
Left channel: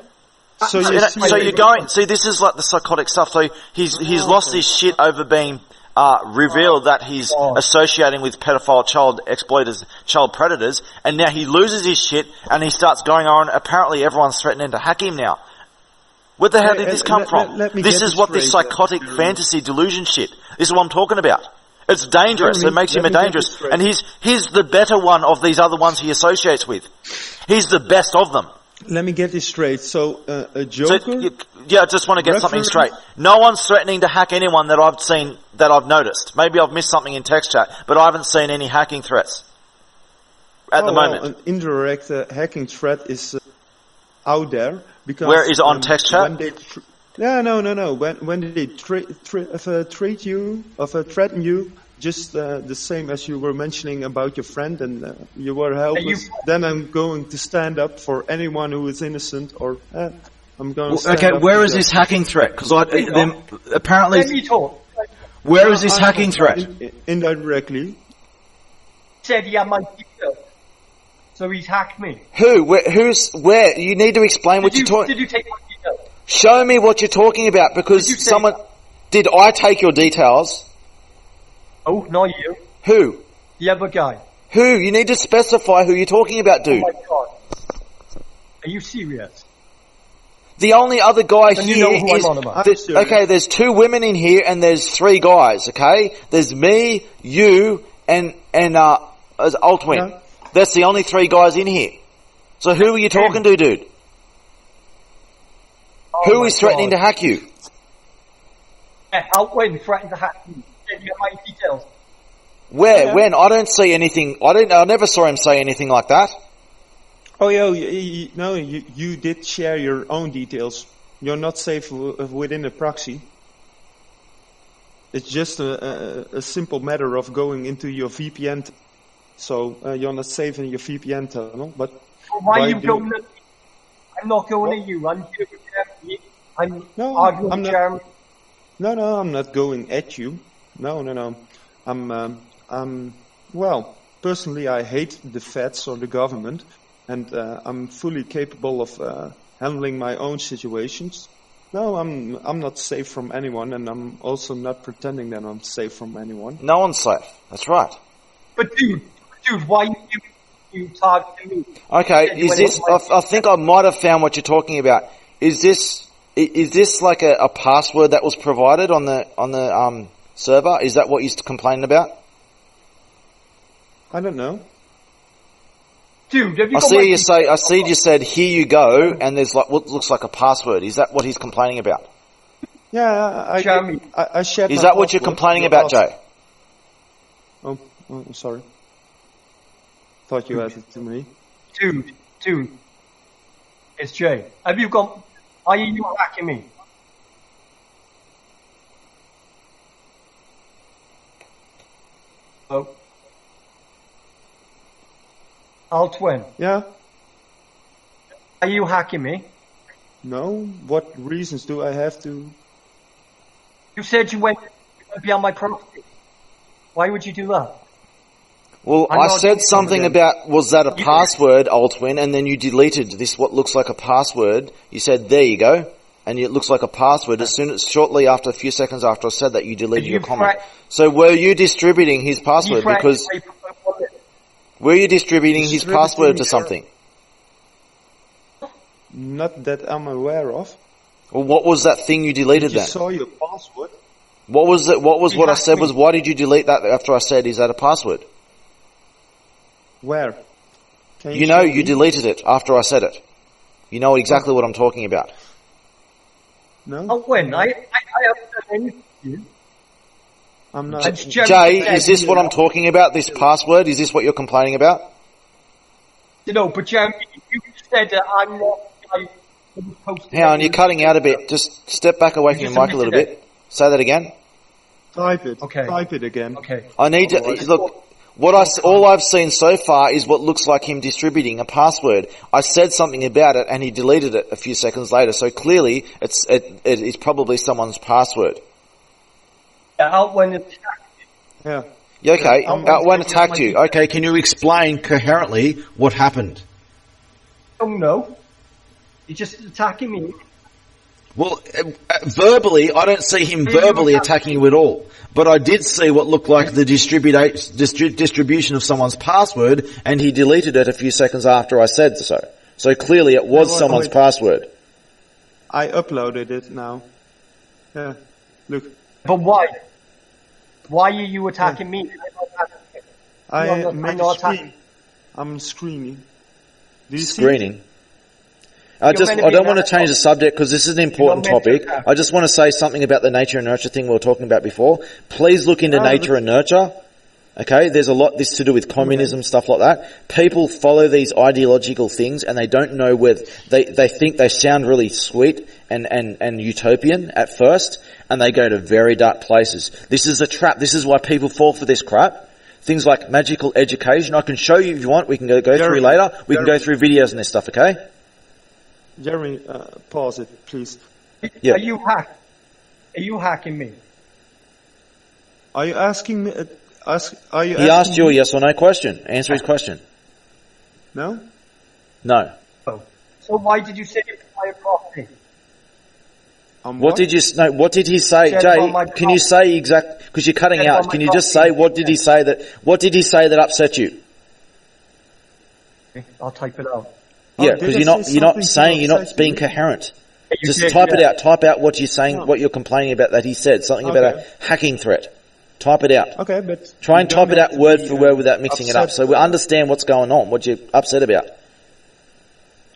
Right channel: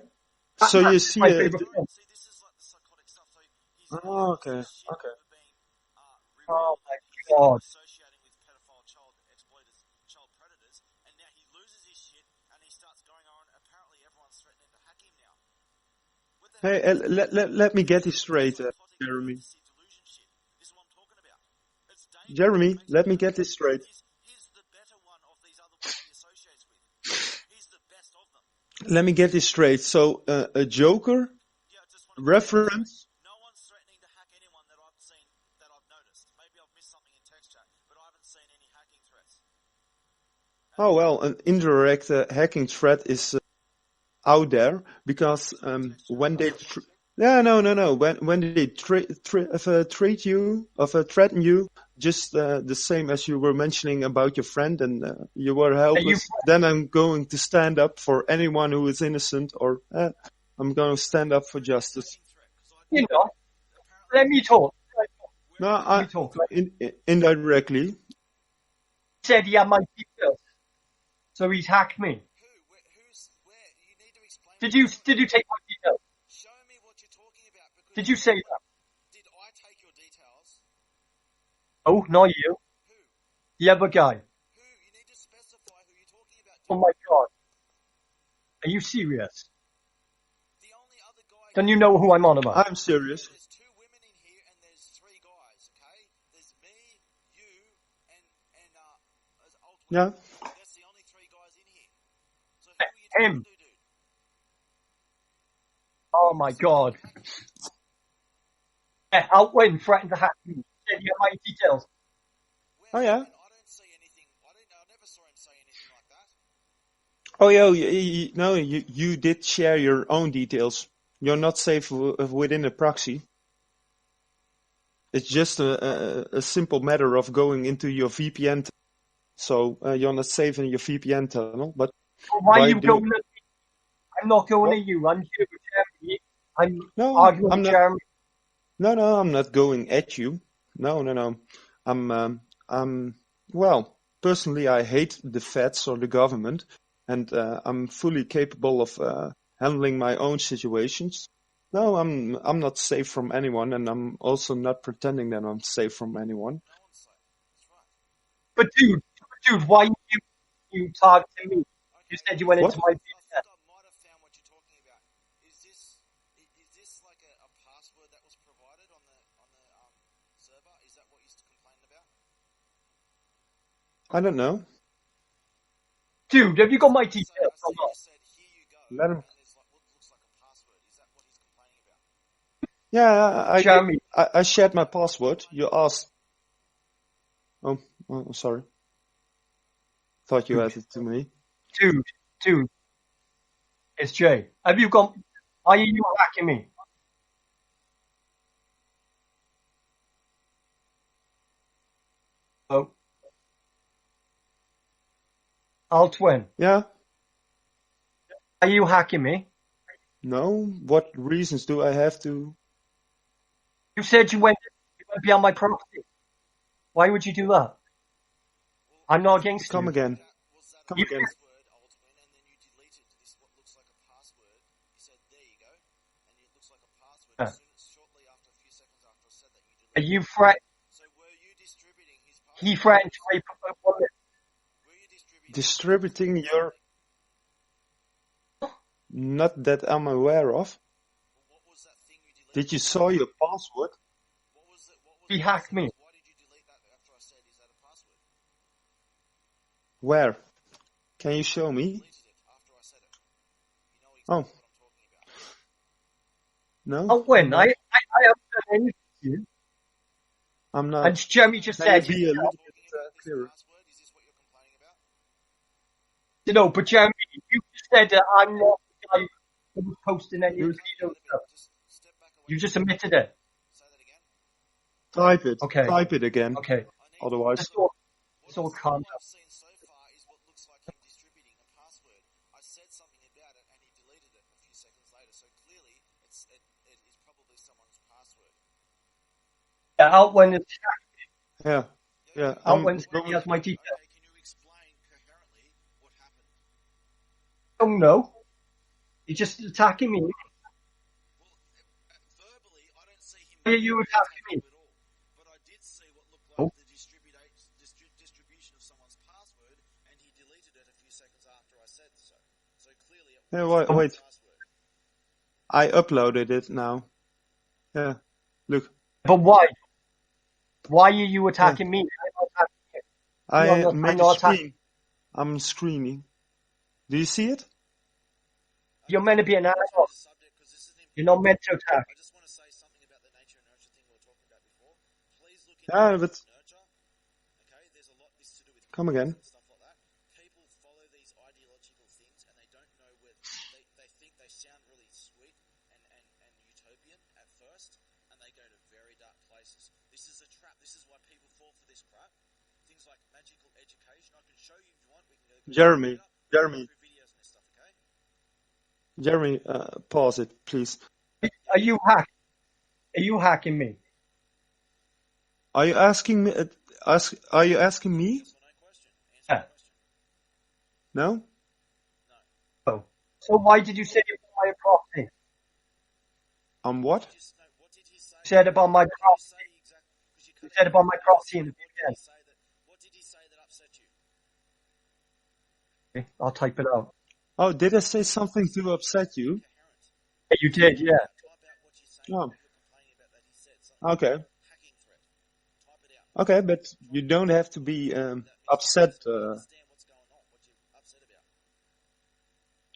So So, you see, so you're going, see, this is like the psychotic stuff. So he's lost his shit over being revealed that he's associating with pedophile child exploiters, child predators, and now he loses his shit and he starts going on. Apparently, everyone's threatening to hack him now. Where the hell did this come from? let me This get is this what this straight, psychotic Jeremy. fantasy delusion shit. This is what I'm talking about. It's dangerous. Jeremy, It makes let him me get dangerous. this straight. And he's the better one of these other ones he associates with. He's the best of them. let me get this straight. So a So, Joker. yeah, I just want to get something reference- straight. No one's threatening to hack anyone that I've seen, that I've noticed. Maybe I've missed something in text chat, but I haven't seen any hacking threats at the moment. An indirect hacking threat is out there because Where is it on text chat? When they no. When they treat you, threaten you, just the same as you were mentioning about your friend, and you were helpless. Then I'm going to stand up for anyone who is innocent, or I'm going to stand Okay, up. where for is this justice. hacking threat? Because apparently, Let me talk. where is this hacking threat? Indirectly. Said he had my details. So he's hacked me. Who? Where? You need to explain what you're talking. Did you take my details? Show me what you're talking about, because Did you say someone. Did I take your details? Oh, not you. Who? The other guy. Who? You need to specify who you're talking about, dude. Oh my God. Are you serious? The only other guy Then here you know who I'm is- on about. I'm serious. Okay, there's 2 women in here and there's 3 guys, okay? There's me, you, and Altwin. Yeah. That's the only 3 guys in here. So who are you talking to, dude? Oh Who my is threatening God. to hack you? Outwin threatened to hack me. Said you had my details. Where? Oh, yeah. When? I don't see anything. I never saw him say anything like that. Oh yeah, you did share your own details. You're not safe within a proxy. It's just a simple matter of going into your VPN. So you're not safe in your VPN tunnel. But So why by are you doing- going at me? I'm not going at you. I'm here with Jeremy. I'm No, arguing I'm with not. Jeremy. No, I'm not going at you. No. Well, personally, I hate the feds or the government, and I'm fully capable of handling my own situations. No, I'm not safe from anyone, and I'm also not pretending that I'm safe from anyone. No one's safe. That's right. But dude, why you targeting me? Okay, I think I might have found what you're talking about. Is this like a password that was provided on the server? Is that what you're complaining about? I don't know. Dude, have you I got see you said, "Here you go," and there's like what looks like a password. Is that what he's complaining about? Yeah, I shared my password. Is that what you're complaining about, Jay? Oh, sorry. Thought you asked it to me. Dude. It's Jay. Are you hacking me? Oh. Altwin. Yeah? Are you hacking me? No. What reasons do I have to? You said you went beyond my property. Why would you do that? Well, I said something about, was that a password, Altwin, and then you deleted this, what looks like a password. You said, there you go, and it looks like a password. Shortly after, a few seconds after I said that, you deleted your comment. So were you distributing his password? Because were you distributing his password to something? Not that I'm aware of. Well, what was that thing you deleted then? You saw your password. What was it? What I said was, why did you delete that after I said, is that a password? Where? Can you know you deleted it after I said it. You know exactly what I'm talking about. No. Oh, when? I haven't done anything to you. I'm not. Jay, is this what I'm talking about, this password? Is this what you're complaining about? No, but Jeremy, you said that I'm not posting. Hang on, you're cutting out a bit. Just step back away from the mic a little bit. Say that again. Type it. Okay. Type it again. Okay. I need to look. All I've seen so far is what looks like him distributing a password. I said something about it and he deleted it a few seconds later. So clearly it is probably someone's password. Yeah, Altwin attacked you. Yeah. Okay, Altwin attacked you. Okay, can you explain coherently what happened? Oh no. You're just attacking me. Well, verbally, I don't see him verbally attacking you at all. But I did see what looked like the distribution of someone's password, and he deleted it a few seconds after I said so. So clearly it was someone's password. I uploaded it now. Yeah, look. But why? Why are you attacking me? I'm not attacking. I'm screening. Do you see it? I don't want to change the subject because this is an important topic. I just want to say something about the nature and nurture thing we were talking about before. Please look into nature and nurture. Okay, there's a lot this to do with communism, stuff like that. People follow these ideological things and they don't know where they think they sound really sweet and utopian at first, and they go to very dark places. This is a trap. This is why people fall for this crap. Things like magical education. I can show you if you want. We can go through later. We can go through videos and this stuff, okay? Jeremy, pause it, please. Yeah. Are you hacking me? Are you asking me? He asked you a yes or no question. Answer his question. No. No. Oh. So why did you say it was my property? What did he say, Jay? Can you say exact? Because you're cutting out. Can you just say what did he say that? What did he say that upset you? I'll type it out. Yeah, because you're not being coherent. Just type it out. Type out what you're saying, what you're complaining about that he said. Something about a hacking threat. Type it out. Okay, but try and type it out word for word without mixing it up, so we understand what's going on. What you're upset about.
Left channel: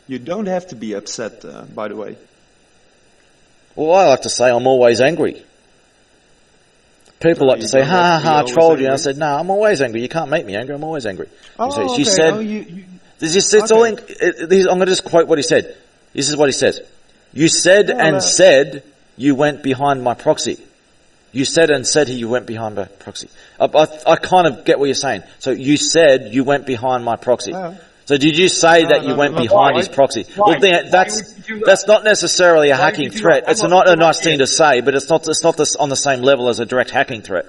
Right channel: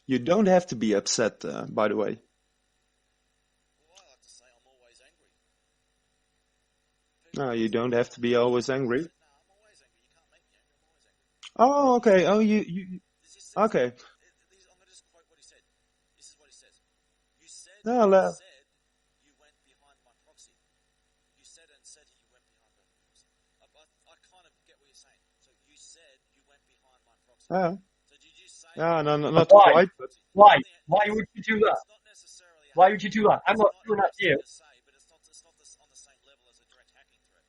You don't have to be upset, by the way. Well, I like to say I'm always angry. People like to say, I trolled you. And I said, no, I'm always angry. You can't make me angry. I'm always angry. Oh, okay. Said, I'm going to just quote what he said. This is what he says. You said said you went behind my proxy. You said and said you went behind my proxy. I kind of get what you're saying. So you said you went behind my proxy. So did you say that you went behind why? his proxy? Why? Well, Why that's would you do that? that's not necessarily a Why would hacking you do threat. that? It's I'm not a not nice thing to say, but it's not on the same level as a direct hacking threat.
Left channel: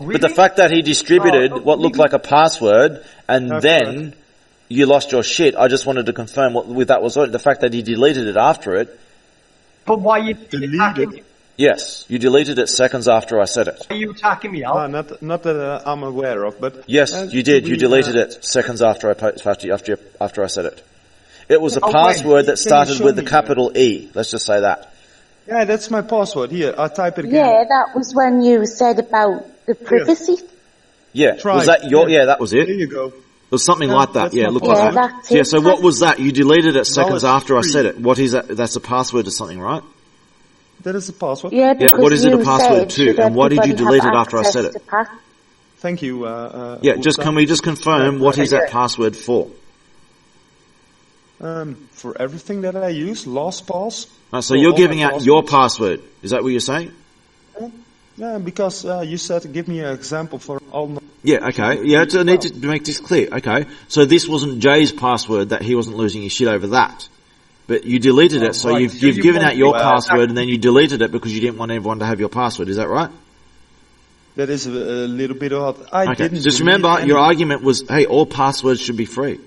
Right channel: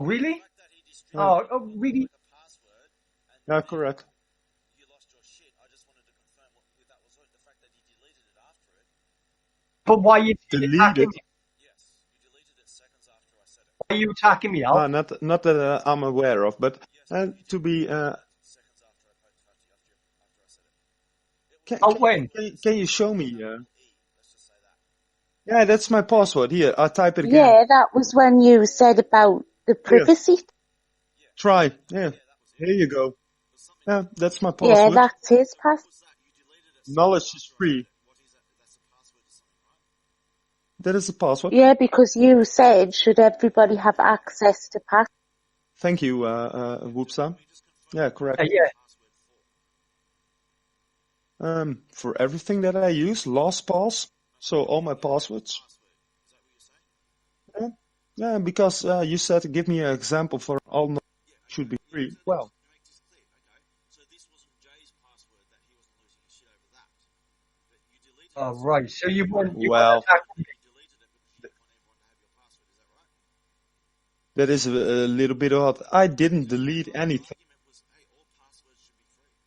Really? But the fact that he distributed Oh, what looked really? like a password and No, then correct. you lost your shit, I just wanted to confirm with that was the fact that he deleted it after it. But why are you Deleted? attacking me? Yes, you deleted it seconds after I said it. Why are you attacking me, Al? Not that I'm aware of, but Yes, you did. to You be, deleted it seconds after I said it. It was a Oh, wait. password that Can you started show with the me, capital E. Let's just say that. Yeah, that's my password. Here, I'll type it again. Yeah, that was when you said about the privacy. Yeah, Try. was that your? Yeah. Yeah, that was it. There you go. It was something Yeah, like that. that's Yeah, my look. password. Yeah, that's it. Yeah, so what was that? You deleted it seconds after I $3. said it. What is that? That's a password to something, right? That is the password. Yeah, Yeah, because what is it a you password said to, should and why did you everybody delete have it after I access said it? to pass. Thank you. Yeah, just Whoopsa. can we just confirm Yeah, what is yeah. that password for? For everything that I use, LastPass. So for you're all giving my out your passwords. password. Is that what you're saying? Yeah, because you said give me an example for all. Yeah, okay. Yeah, I need to make this clear. Okay, so this wasn't Jay's password that he wasn't losing his shit over that. But you deleted it, so right. you've, So you've you given want out your me to- password and then you deleted it because you didn't want everyone to have your password. Is that right? That is a little bit odd. I Okay. didn't. Just delete remember, any. your argument was, hey, all passwords should be free.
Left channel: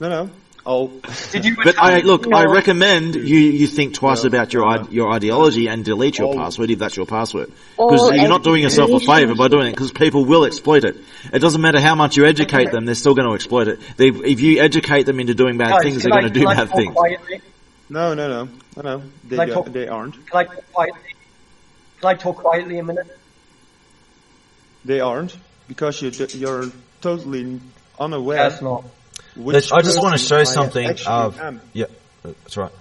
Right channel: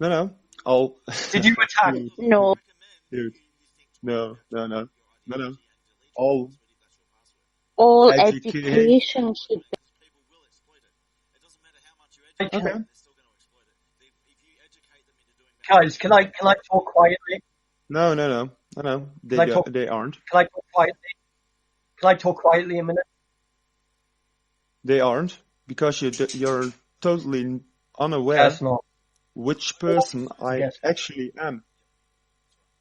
No. Oh. Did you But attack look, me? I recommend you think twice No, about no. your ideology and delete your All- password if that's your password. All Because you're not doing yourself a education favour by doing it, because people will exploit it. It doesn't matter how much you educate them, they're still going to exploit it. If you educate them into doing bad Guys, things, can they're I, going to can do I bad talk things. quietly? No. Can I talk- They aren't. Can I talk quietly? Can I talk quietly a minute? They aren't because you're totally unaware. That's not. Which I just want to person show I something. actually am. Yeah, that's right.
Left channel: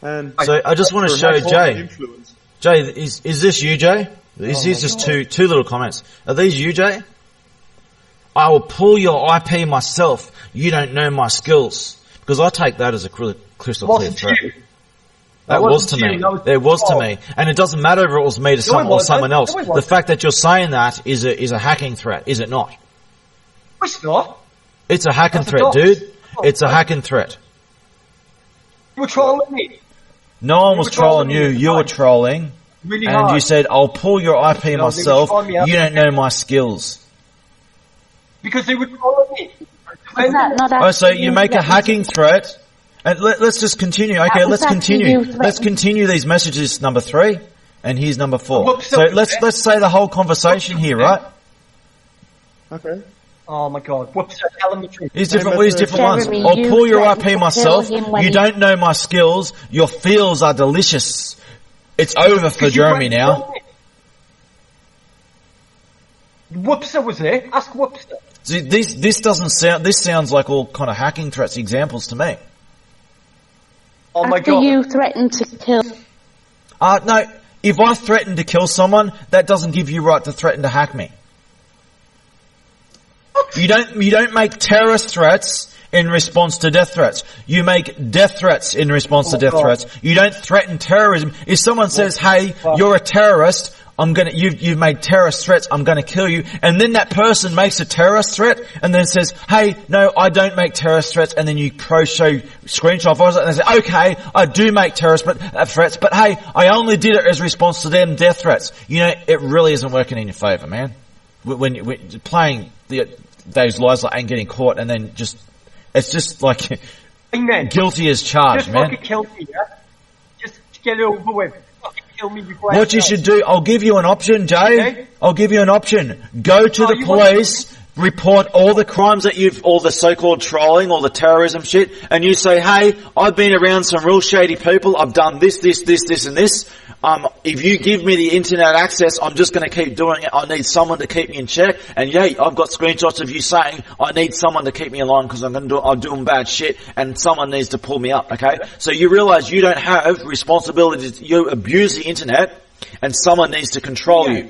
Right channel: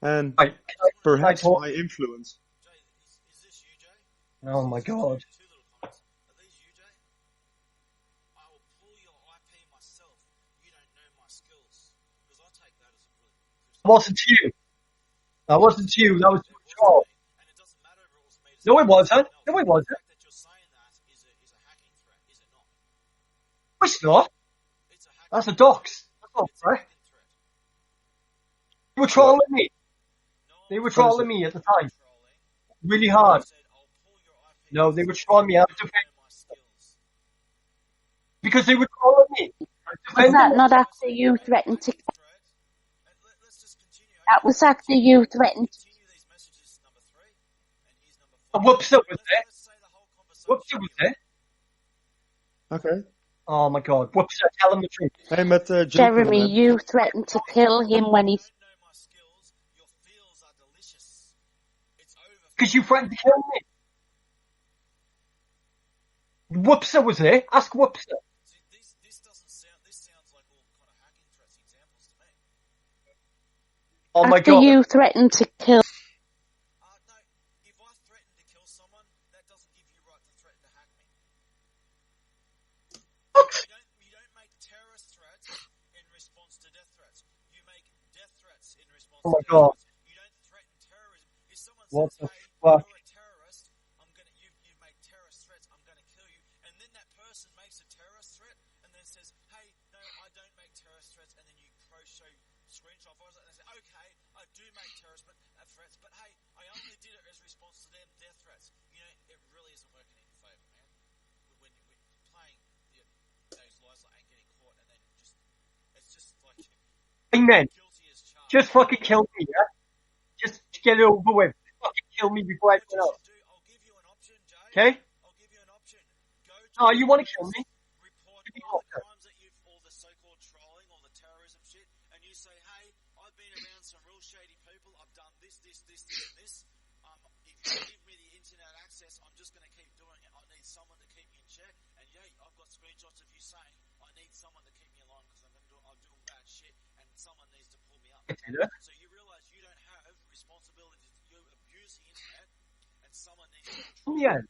And So I just want to show perhaps Jay. influence. Jay, is this you, Jay? These Oh are my just God. two little comments. Are these you, Jay? I will pull your IP myself. You don't know my skills. Because I take that as a crystal clear Wasn't threat. you. That wasn't was to you, me. that was It was Paul. to me. And it doesn't matter if it was me to No, someone it or wasn't. someone else. No, it The wasn't. fact that you're saying that is a hacking threat, is it not? It's not. It's a hacking That's a threat, dox. dude. Oh, It's a right. hacking threat. You were trolling me. No one You was were trolling trolling me you. at the You were time. trolling. Really And hard. you said, I'll pull your IP No, they were myself. trolling me up. You don't know my skills. Because they were trolling me. Was that not Oh, actually so you make a threatened to- hacking threat. And let's just continue. Okay, was let's actually continue. you Let's threatened. continue these messages, number 3. And here's number 4. whoops, So whoops, let's eh? let's say the whole conversation Whoops, here, eh? right? Okay. Oh my god. Whoops, tell them the truth. Here's Hey, different, but, these different ones. Jeremy, I'll you pull your threatened to IP kill myself. him when You he- don't know my skills. Your feels are delicious. It's over for Because you Jeremy threatened to now. kill me. Whoopser was there. Ask Whoopser. See, this doesn't sound. This sounds like all kind of hacking threats examples to me. Oh my After god. you threatened to kill. No. If I threaten to kill someone, that doesn't give you right to threaten to hack me. You don't make terrorist threats in response to death threats. You make death threats in response to Oh, death God. threats. You don't threaten terrorism. If someone says, "Hey, you're a terrorist," you've made terrorist threats, I'm gonna kill you. And then that person makes a terrorist threat and then says, "Hey, no, I don't make terrorist threats." And then you show screenshot of it and they say, "Okay, I do make terrorist threats, but hey, I only did it as response to them death threats." You know, it really isn't working in your favor, man. When you're playing those lies and getting caught and then it's just like Amen. guilty as charged, Just man. fucking kill me, yeah? Just get it over with. Fucking kill me before What anything you else. should do, I'll give you an option, Jay. Okay. I'll give you an option. Go to Oh, the you won't kill police, report all the crimes that all the so-called trolling, all the terrorism shit, and you say, "Hey, I've been around some real shady people. I've done this, and this. If you give me the internet access, I'm just going to keep doing it. I need someone to keep me in check. And yeah, I've got screenshots of you saying I need someone to keep me along because I'm doing bad shit, and someone needs to pull me up." Okay, so you realise you don't have responsibilities. You abuse the internet, and someone needs to control Yeah. you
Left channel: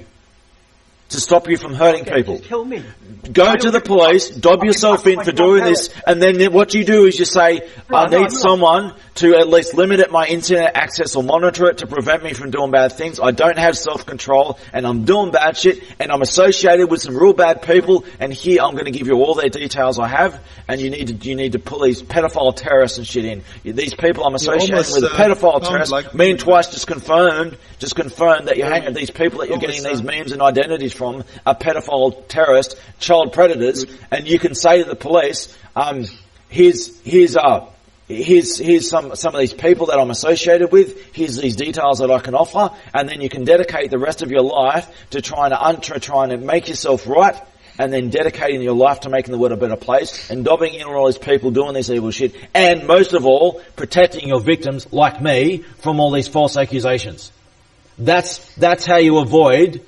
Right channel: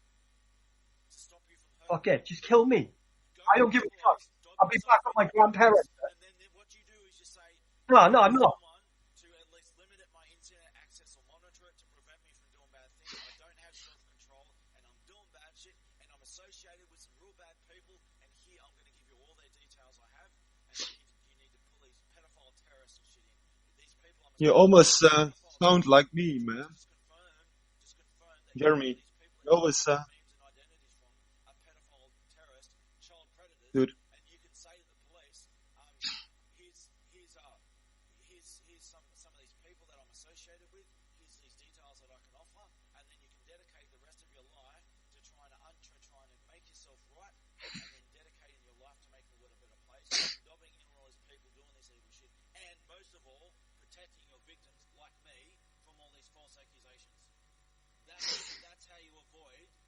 to stop you from hurting Okay, people. just kill me. go to the police, dob yourself in for doing this, and then what you do is you say, I need someone to at least limit my internet access or monitor it to prevent me from doing bad things. I don't have self-control, and I'm doing bad shit, and I'm associated with some real bad people, and here I'm going to give you all their details I have, and you need to pull these pedophile terrorists and shit in. These people I'm associated with, pedophile terrorists, like me and Twice just confirmed that you're hanging these people that you're getting these memes and identities from are pedophile terrorists, child predators, and you can say to the police, here's some of these people that I'm associated with, here's these details that I can offer, and then you can dedicate the rest of your life to trying to make yourself right, and then dedicating your life to making the world a better place, and dobbing in all these people doing this evil shit, and most of all, protecting your victims, like me, from all these false accusations. That's how you avoid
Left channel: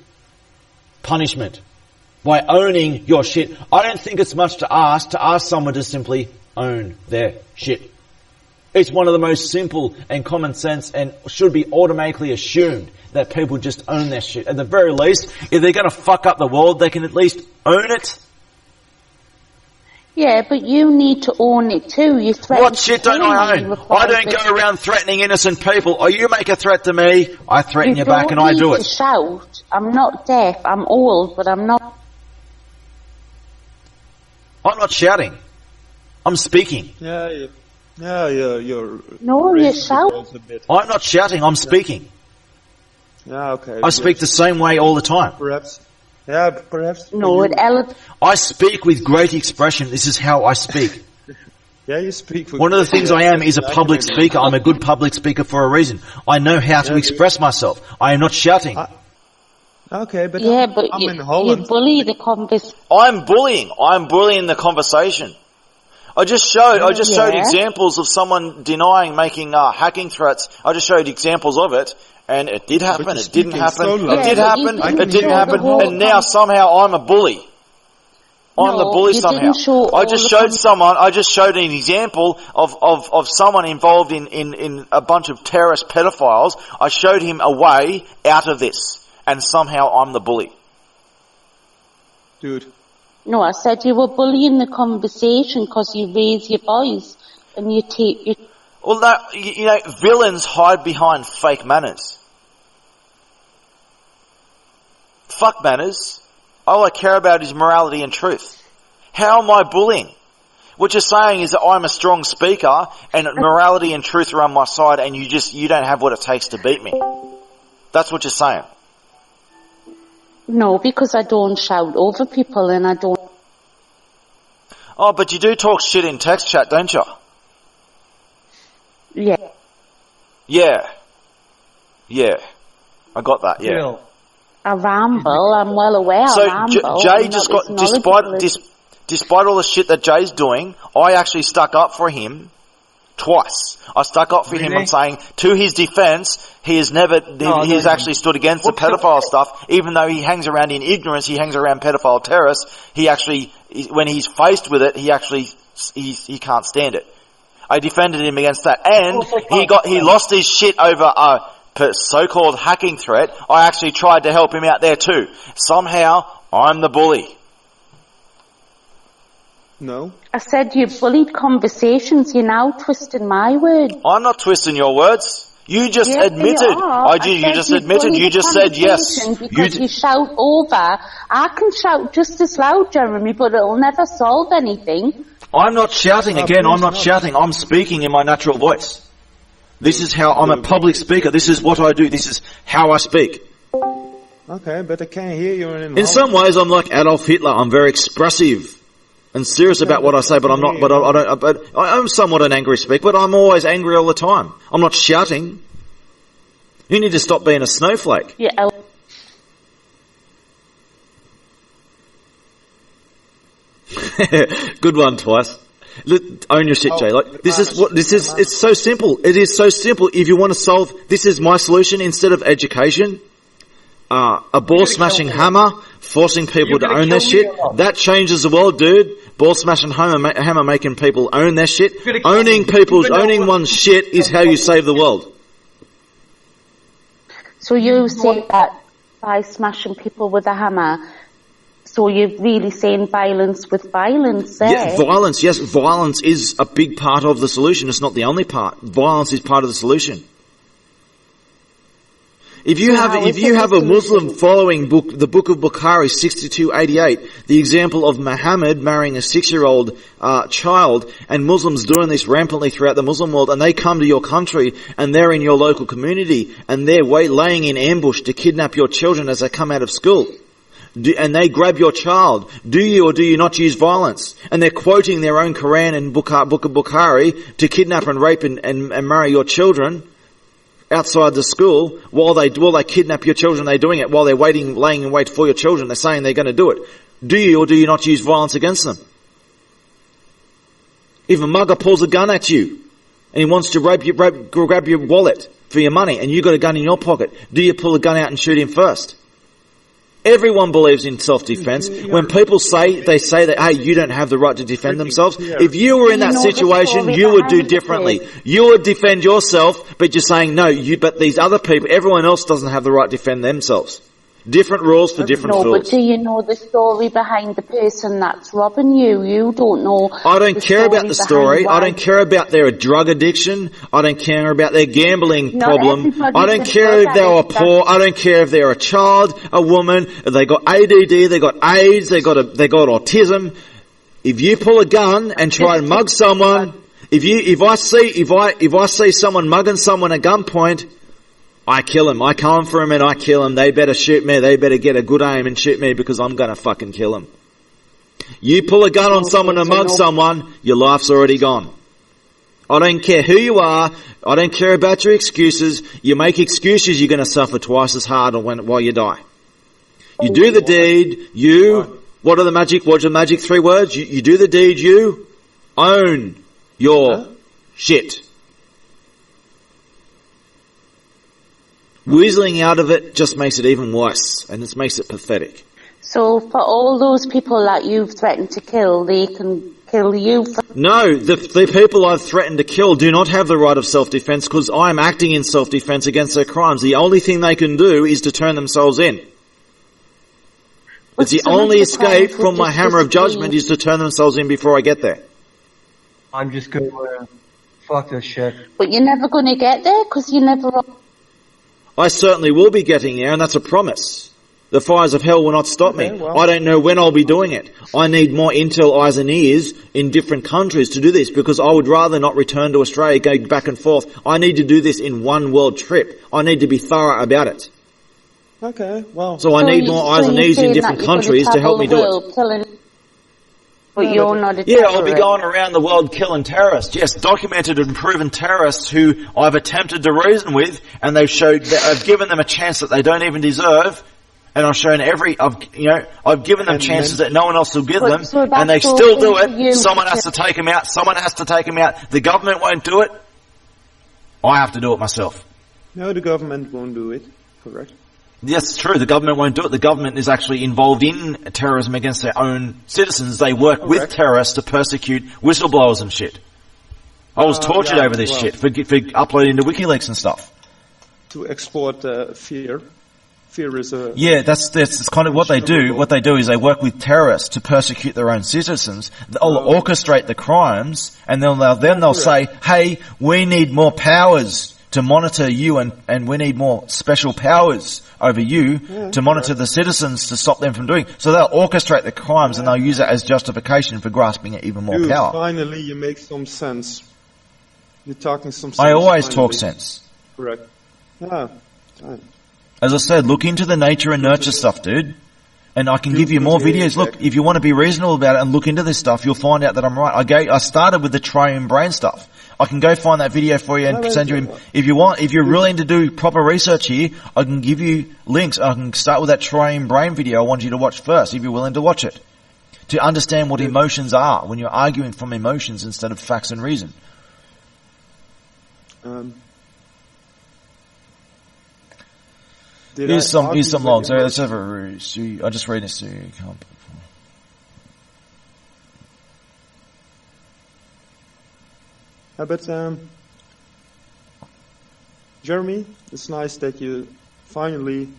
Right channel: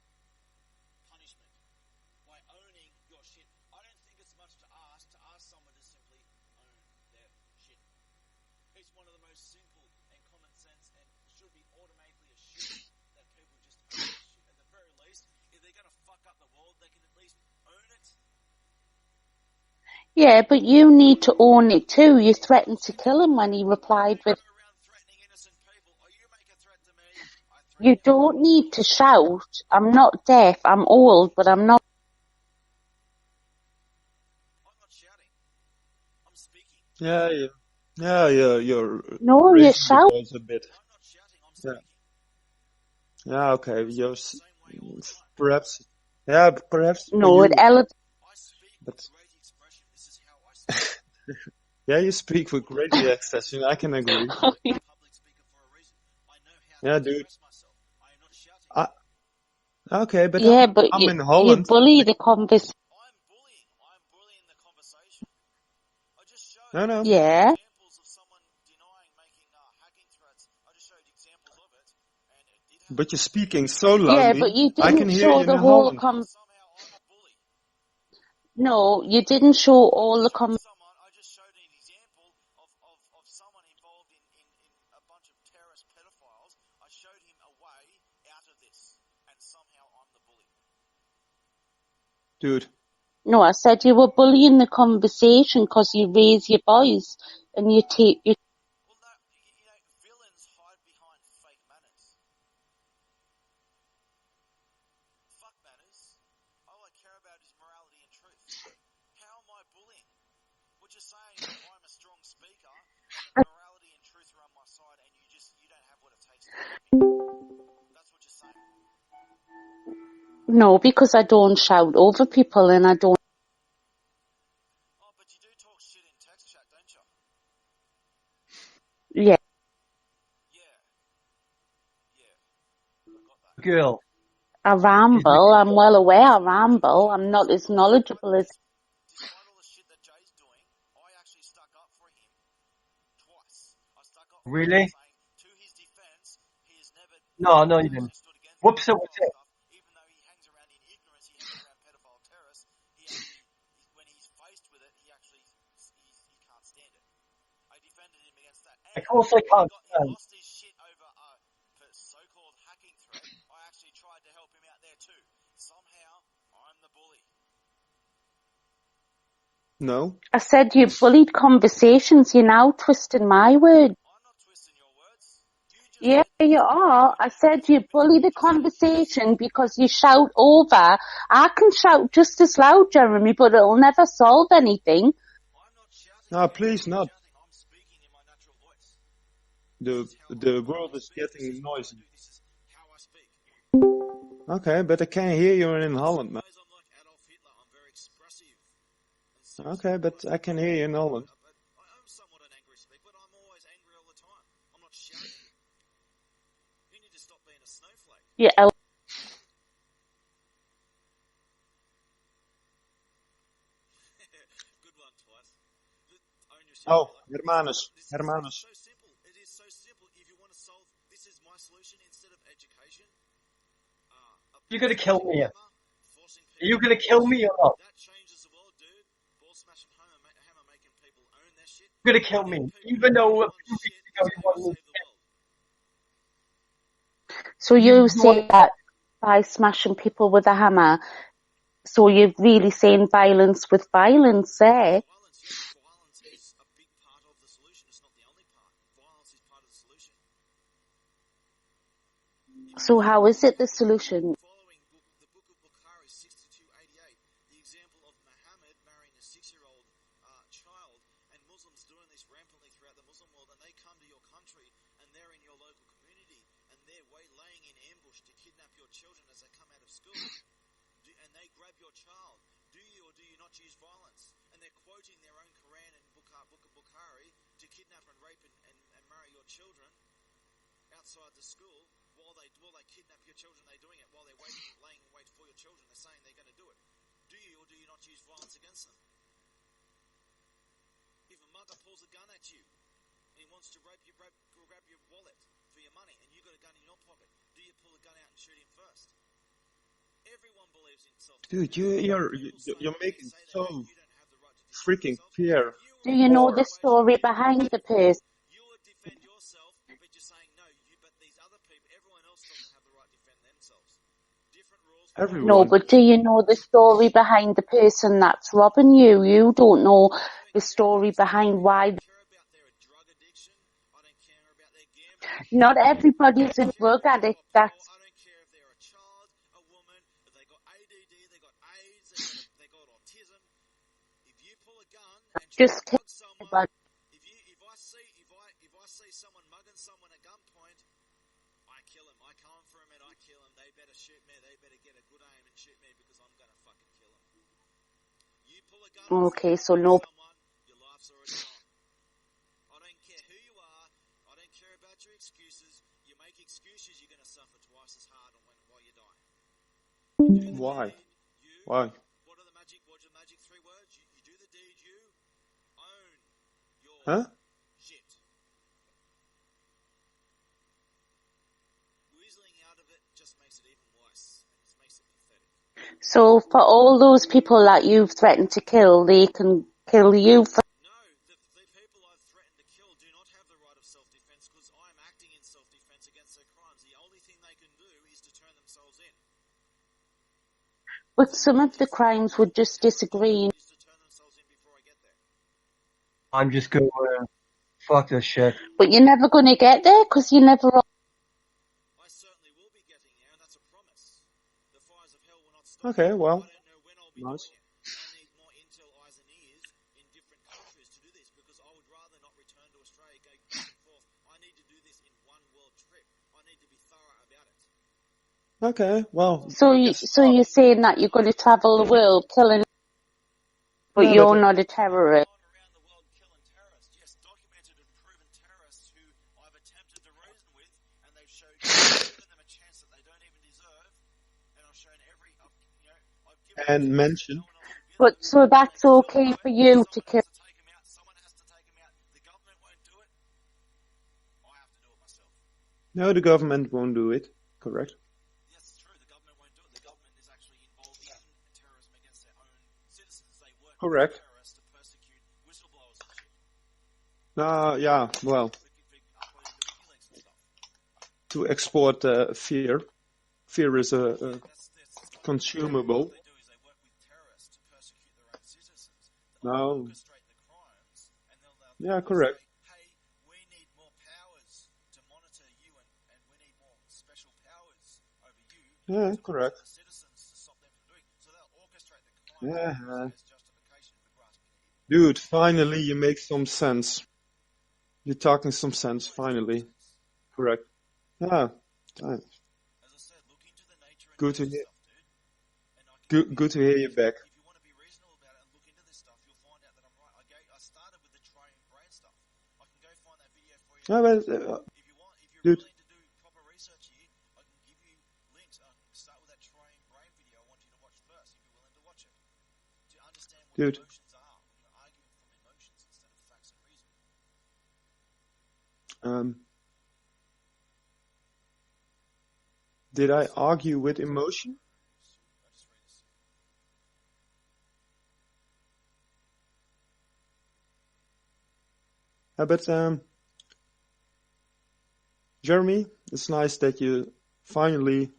punishment. By owning your shit. I don't think it's much to ask someone to simply own their shit. It's one of the most simple and common sense and should be automatically assumed that people just own their shit. At the very least, if they're going to fuck up the world, they can at least own it. Yeah, but you need to own it too. You threaten what shit don't I own? I don't go around threatening innocent people. Or you make a threat to me, I threaten you back and I do it. You don't need to shout. I'm not deaf. I'm old, but I'm not. I'm not shouting. I'm speaking. You're. No, you're shouting. I'm not shouting. I'm speaking. Yeah, okay. I speak the same way all the time. Perhaps. Yeah, perhaps. No, I speak with great expression. This is how I speak. Yeah, you speak. One of the things I am is a public speaker. I'm a good public speaker for a reason. I know how to express myself. I am not shouting. Okay, but I'm in Holland. You bully the conversation. I'm bullying the conversation. I just showed examples of someone denying making hacking threats. I just showed examples of it, and it did happen. It didn't happen. It didn't happen. And now somehow I'm a bully. I'm the bully somehow. Didn't show I just showed an example of someone involved in a bunch of terrorist pedophiles. I showed him a way out of this. And somehow I'm the bully. Dude. No, I said you were bullying the conversation because you raise your voice and you take your... Well, no, villains hide behind fake manners. Fuck manners. All I care about is morality and truth. How am I bullying? What you're saying is that I'm a strong speaker and morality and truth are on my side and you don't have what it takes to beat me. That's what you're saying. No, because I don't shout over people and I don't... Oh, but you do talk shit in text chat, don't you? Yeah. Yeah. I got that, yeah. Jill. I ramble, I'm well aware I ramble. Jay despite all the shit that Jay's doing, I actually stuck up for him twice. I stuck up for him on saying, to his defense, he has actually stood against the pedophile stuff, even though he hangs around in ignorance, he hangs around pedophile terrorists, he actually, when he's faced with it, he can't stand it. I defended him against that, and he lost his shit over a so-called hacking threat. I actually tried to help him out there too. Somehow, I'm the bully. No. I said you bullied conversations. You're now twisting my words. I'm not twisting your words. You just admitted. You just admitted. You just said yes. Because you shout over. I can shout just as loud, Jeremy, but it'll never solve anything. I'm not shouting again. I'm not shouting. I'm speaking in my natural voice. This is how I'm a public speaker. This is what I do. This is how I speak. Okay, but I can't hear you in some ways, I'm like Adolf Hitler. I'm very expressive and serious about what I say, but I'm not. But I'm somewhat an angry speaker. But I'm always angry all the time. I'm not shouting. You need to stop being a snowflake. Yeah. Good one, Twice. Own your shit, Jay. It's so simple. It is so simple. If you want to solve, this is my solution instead of education. A ball smashing hammer, forcing people to own their shit. That changes the world, dude. Ball smashing hammer making people own their shit. Owning one's shit is how you save the world. So you say that by smashing people with a hammer, So you're really saying violence with violence there? Yeah, violence. Yes, violence is a big part of the solution. It's not the only part. Violence is part of the solution. If you have a Muslim following the book of Bukhari 6288, the example of Muhammad marrying a 6-year-old child, and Muslims doing this rampantly throughout the Muslim world, and they come to your country and they're in your local community and they're laying in ambush to kidnap your children as they come out of school. And they grab your child. Do you or do you not use violence? And they're quoting their own Quran and book of Bukhari to kidnap and rape and marry your children outside the school while they kidnap your children. They're doing it while they're laying in wait for your children. They're saying they're going to do it. Do you or do you not use violence against them? If a mugger pulls a gun at you and he wants to grab your wallet for your money and you've got a gun in your pocket, do you pull a gun out and shoot him first? Everyone believes in self-defense. When people say that, hey, you don't have the right to defend themselves. If you were in that situation, you would do differently. You would defend yourself, but you're saying, no, but these other people, everyone else doesn't have the right to defend themselves. Different rules for different foods. No, but do you know the story behind the person that's robbing you? You don't know. I don't care about the story. I don't care about their drug addiction. I don't care about their gambling problem. I don't care if they are poor. I don't care if they're a child, a woman, if they got ADD, they got AIDS, they got autism. If you pull a gun and try and mug someone, if I see someone mugging someone at gunpoint, I kill him. I come for him and I kill him. They better shoot me. They better get a good aim and shoot me because I'm going to fucking kill him. You pull a gun on someone and mug someone, your life's already gone. I don't care who you are. I don't care about your excuses. You make excuses, you're going to suffer twice as hard while you die. You do the deed, what are the magic 3 words? You do the deed, you own your shit. Weaseling out of it just makes it even worse, and it makes it pathetic. So for all those people that you've threatened to kill, they can kill you? No, the people I've threatened to kill do not have the right of self-defense because I'm acting in self-defense against their crimes. The only thing they can do is to turn themselves in. It's the only escape from my hammer of judgment is to turn themselves in before I get there. I'm just going to fuck this shit. But you're never going to get there because you never... I certainly will be getting there, and that's a promise. The fires of hell will not stop me. Well. I don't know when I'll be doing it. I need more intel, eyes and ears in different countries to do this because I would rather not return to Australia, go back and forth. I need to do this in one world trip. I need to be thorough about it. Okay, well. So I need more eyes and ears in different countries to help me do it. But you're not a terrorist. Yeah, I'll be going around the world killing terrorists. Yes, documented and proven terrorists who I've attempted to reason with, and they've showed that I've given them a chance that they don't even deserve, and I've shown I've given them chances that no one else will give them, and they still do it. Someone has to take them out. Someone has to take them out. The government won't do it. I have to do it myself. No, the government won't do it. Correct. Yes, it's true. The government won't do it. The government is actually involved in terrorism against their own citizens. They work with terrorists to persecute whistleblowers and shit. I was tortured over this shit for uploading to WikiLeaks and stuff. To export fear. Fear is a... Yeah, that's kind of what they do. What they do is they work with terrorists to persecute their own citizens. They'll orchestrate the crimes, and then they'll say, hey, we need more powers to monitor you, and we need more special powers over you to monitor the citizens to stop them from doing. So they'll orchestrate the crimes and they'll use it as justification for grasping even more power. Finally you make some sense. You're talking some sense. I always talk sense. Correct. Yeah. As I said, look into the nature and nurture stuff, dude. And I can give you more videos. Look, if you want to be reasonable about it and look into this stuff, you'll find out that I'm right. I started with the triune brain stuff. I can go find that video for you and send you in. If you want, if you're willing to do proper research here, I can give you links. I can start with that triune brain video I want you to watch first, if you're willing to watch it. To understand what emotions are, when you're arguing from emotions instead of facts and reason. Here's some logs. Let's have a I just read this to you. But Jeremy, it's nice that you finally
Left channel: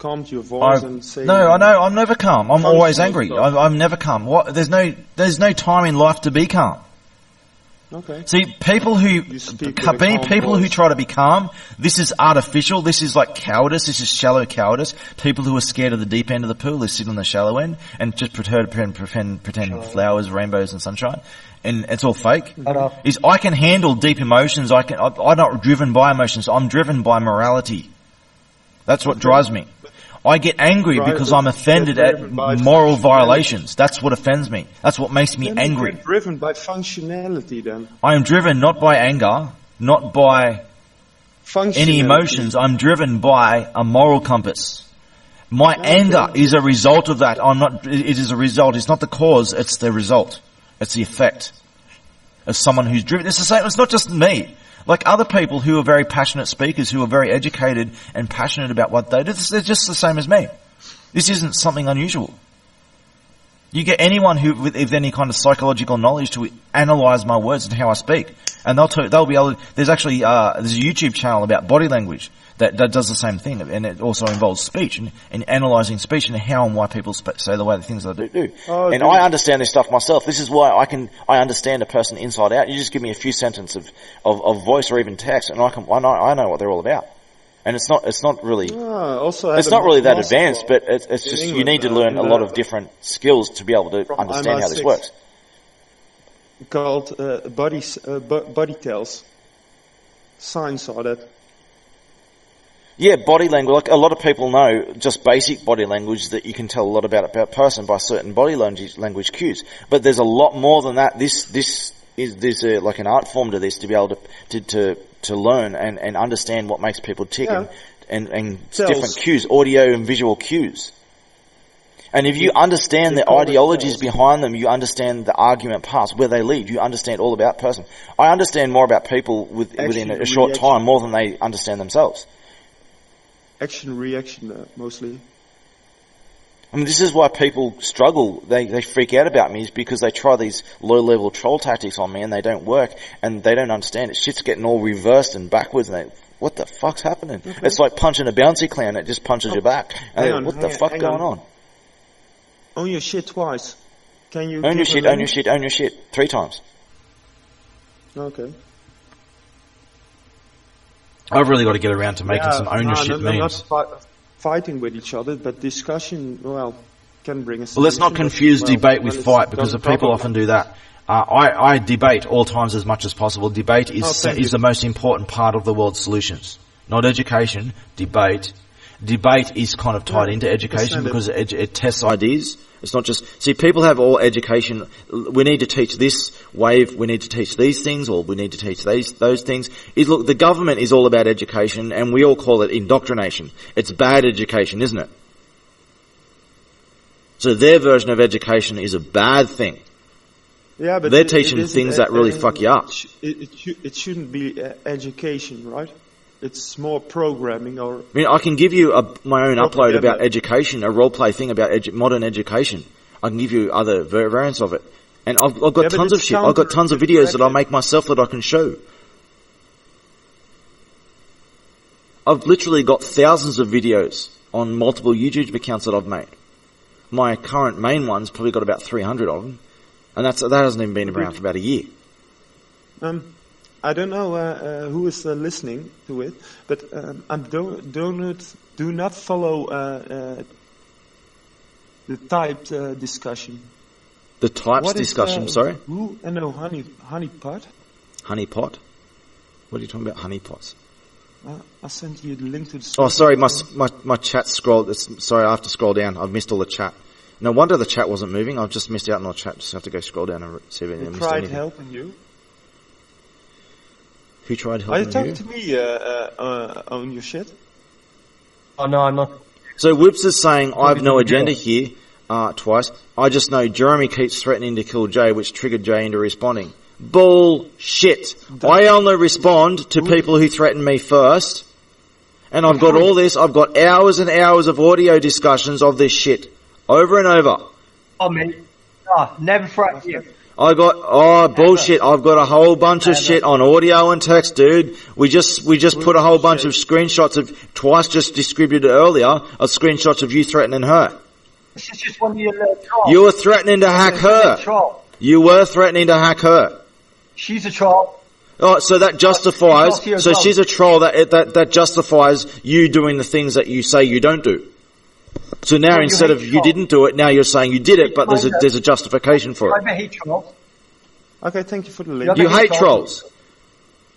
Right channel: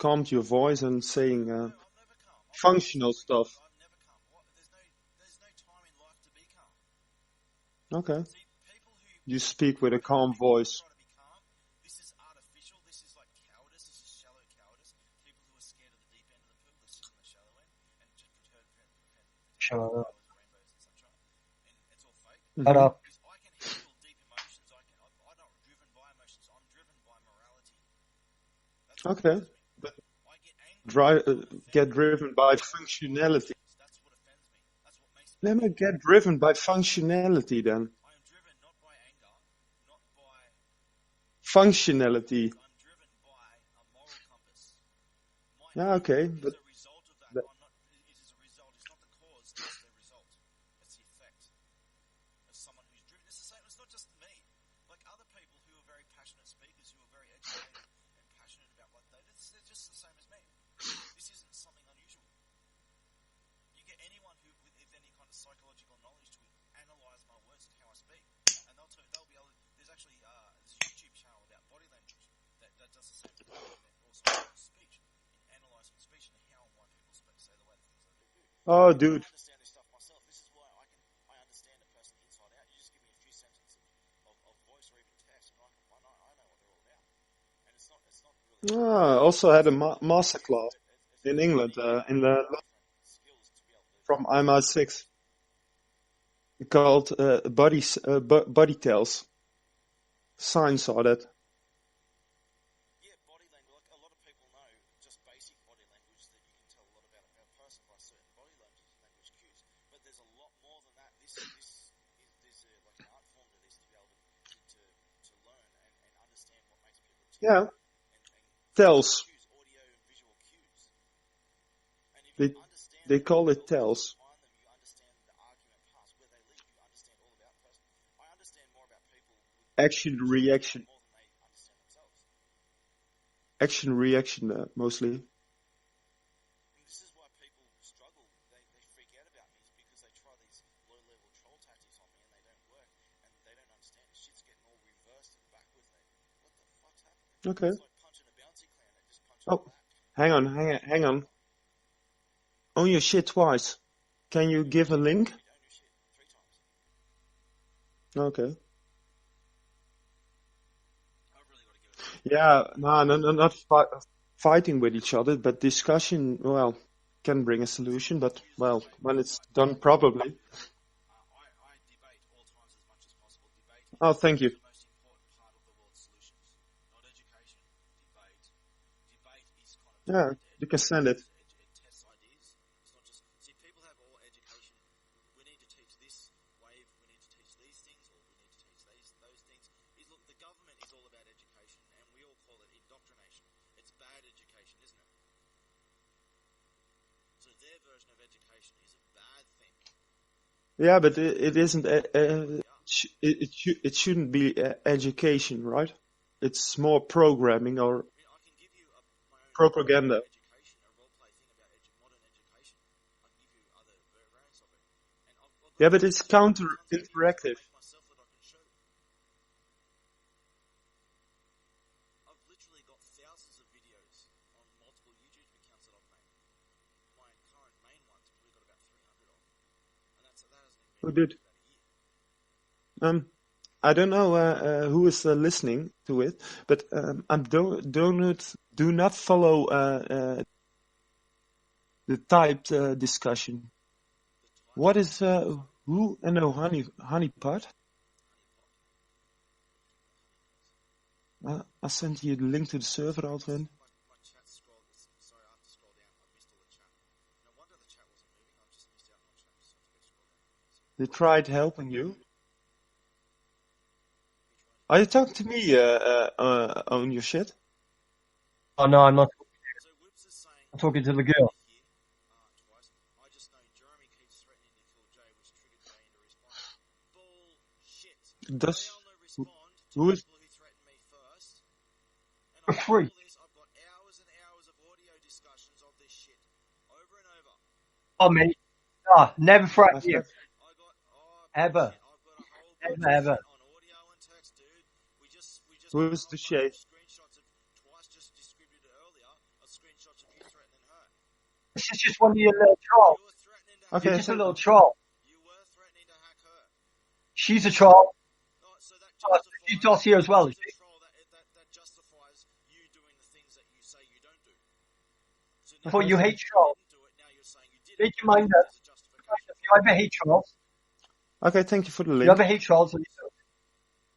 calmed your voice and say... No, I know. I'm never calm. I'm always angry. stuff. I'm never calm. What? There's no time in life to be calm. Okay. See, people who who try to be calm, this is artificial. This is like cowardice. This is shallow cowardice. People who are scared of the deep end of the pool, they sit on the shallow end and just pretend flowers, rainbows, and sunshine, and it's all fake. Is I can handle deep emotions. I'm not driven by emotions. I'm driven by morality. That's what drives me. I get angry because I'm offended at moral violations. That's what offends me. That's what makes me angry. Get driven by functionality then. I am driven not by anger, not by any emotions. I'm driven by a moral compass. My anger is a result of that. It is a result. It's not the cause, it's the result. It's the effect. As someone who's driven, it's the same. It's not just me. Like other people who are very passionate speakers, who are very educated and passionate about what they do, they're just the same as me. This isn't something unusual. You get anyone who, with any kind of psychological knowledge, to analyze my words and how I speak, and they'll be able to. There's actually there's a YouTube channel about body language that does the same thing, and it also involves speech and analysing speech and how and why people say the way the things they do. I understand this stuff myself. This is why I understand a person inside out. You just give me a few sentences of voice or even text, and I know what they're all about. And it's not really that advanced, but it's just England, you need to learn a lot of different skills to be able to understand how this works. Called body tells. Signs are that. Yeah, body language. Like a lot of people know just basic body language that you can tell a lot about a person by certain body language cues. But there's a lot more than that. There's like an art form to this to be able to learn and understand what makes people tick and different cues, audio and visual cues. And if you understand the ideologies behind them, you understand the argument parts, where they lead, you understand all about person. I understand more about people within a short time more than they understand themselves. Action, reaction, mostly. I mean, this is why people struggle. They freak out about me, is because they try these low-level troll tactics on me and they don't work and they don't understand it. Shit's getting all reversed and backwards and what the fuck's happening? Okay. It's like punching a bouncy clown. It just punches you back. What the fuck going on? Own your shit twice. Can you own your shit 3 times. Okay. I've really got to get around to making some ownership memes. Not fighting with each other, but discussion, can bring a solution. Well, let's not confuse debate with fight, because the people often do that. I debate all times as much as possible. Debate is the most important part of the world's solutions. Not education, debate. Debate is kind of tied into education because it tests ideas. It's not just... See, people have all education. We need to teach this wave. We need to teach these things, or we need to teach those things. Look, the government is all about education, and we all call it indoctrination. It's bad education, isn't it? So their version of education is a bad thing. Yeah, but they're teaching things that really fuck you up. It shouldn't be education, right? It's more programming or... I mean, I can give you my own upload about education, a role-play thing about modern education. I can give you other variants of it. And I've got tons of shit. I've got tons of videos that I make myself that I can show. I've literally got thousands of videos on multiple YouTube accounts that I've made. My current main one's probably got about 300 of them. And that hasn't even been around for about a year. I don't know who is listening to it, but do not follow the typed discussion. The typed discussion, sorry? Who? No, honeypot. Honeypot? What are you talking about, honeypots? I sent you the link to the server. Oh, sorry, my chat scrolled. Sorry, I have to scroll down. I've missed all the chat. No wonder the chat wasn't moving. I've just missed out on the chat. Just have to go scroll down and see if anything. They tried helping you. Who tried helping you? Are you talking to me on your shit? Oh, no, I'm not. So Whips is saying, I have no agenda here, twice. I just know Jeremy keeps threatening to kill Jay, which triggered Jay into responding. Bullshit. I only respond to people who threaten me first. And I've got all this. I've got hours and hours of audio discussions of this shit. Over and over. Oh, mate. Never threaten you. bullshit. I've got a whole bunch of shit on audio and text, dude. We just put a whole bunch of screenshots of twice just distributed earlier of screenshots of you threatening her. This is just one of your little trolls. You were threatening to hack her. You were threatening to hack her. She's a troll. Oh, so that justifies. So she's a troll. That justifies you doing the things that you say you don't do. So now instead of you didn't do it, now you're saying you did it, but there's a justification for it. I hate trolls. Okay, thank you for the link. You hate trolls.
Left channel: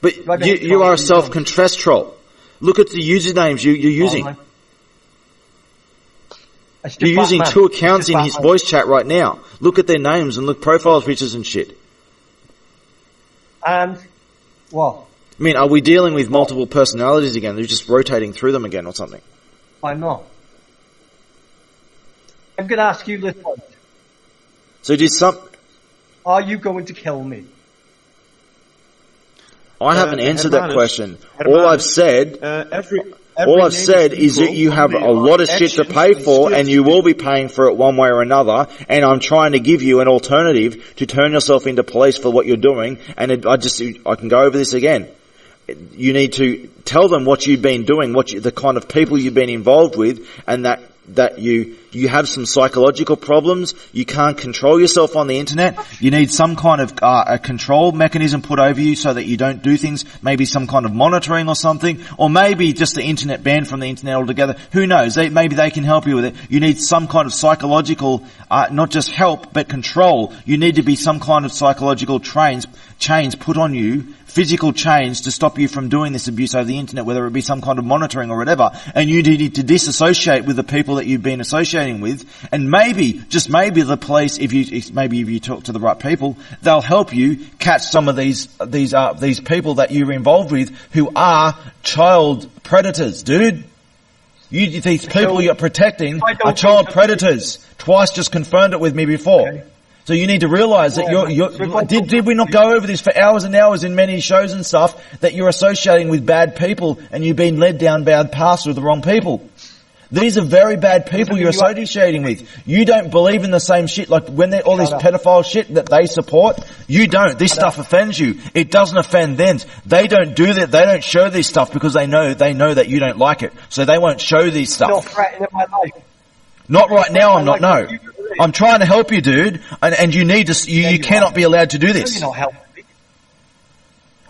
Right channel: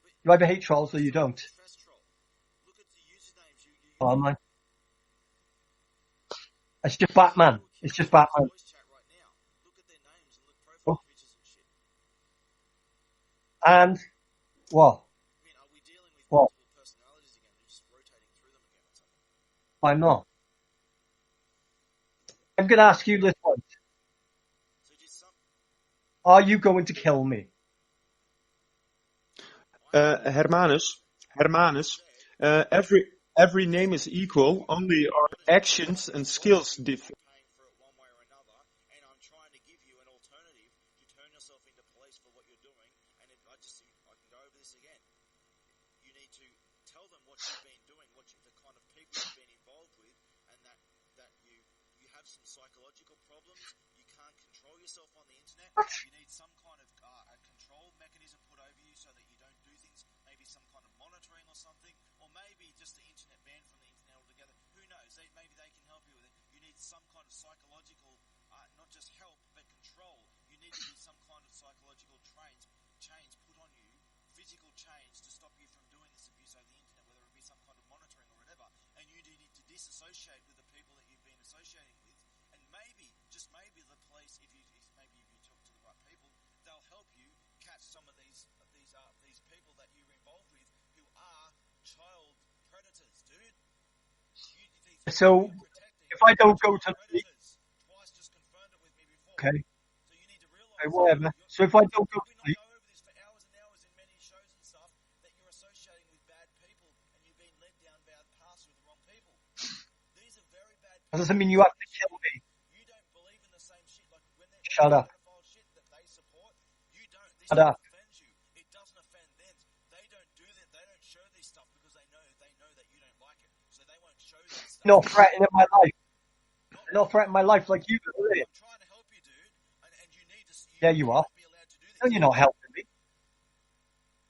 But you are a self-confessed troll. Look at the usernames you're using. You're using 2 accounts in his voice chat right now. Look at their names and look profile pictures and shit. And what? I mean, are we dealing with multiple personalities again? They're just rotating through them again or something. I'm not. I'm going to ask you this one. So are you going to kill me? I haven't answered that question. All I've said, is that you have a lot of shit to pay for, and you will be paying for it one way or another. And I'm trying to give you an alternative to turn yourself into police for what you're doing. And I can go over this again. You need to tell them what you've been doing, the kind of people you've been involved with, and that you have some psychological problems. You can't control yourself on the internet. You need some kind of a control mechanism put over you so that you don't do things. Maybe some kind of monitoring or something, or maybe just the internet banned from the internet altogether. Who knows? Maybe they can help you with it. You need some kind of psychological, not just help but control. You need to be some kind of psychological chains put on you. Physical chains to stop you from doing this abuse over the internet, whether it be some kind of monitoring or whatever, and you need to disassociate with the people that you've been associating with, and maybe, just maybe the police, if you talk to the right people, they'll help you catch some of these people that you're involved with who are child predators, dude. These people you're protecting are child predators. Twice just confirmed it with me before. Okay. So you need to realise that did we not go over this for hours and hours in many shows and stuff, that you're associating with bad people and you've been led down bad paths with the wrong people. These are very bad people you're associating with. You don't believe in the same shit, like when they're all this pedophile shit that they support, you don't. This stuff offends you. It doesn't offend them. They don't do that. They don't show this stuff because they know that you don't like it. So they won't show these stuff. You're threatening my life. Not right now, I'm not, no. I'm trying to help you, dude, and you need to, you cannot be allowed to do this. You're not helping me.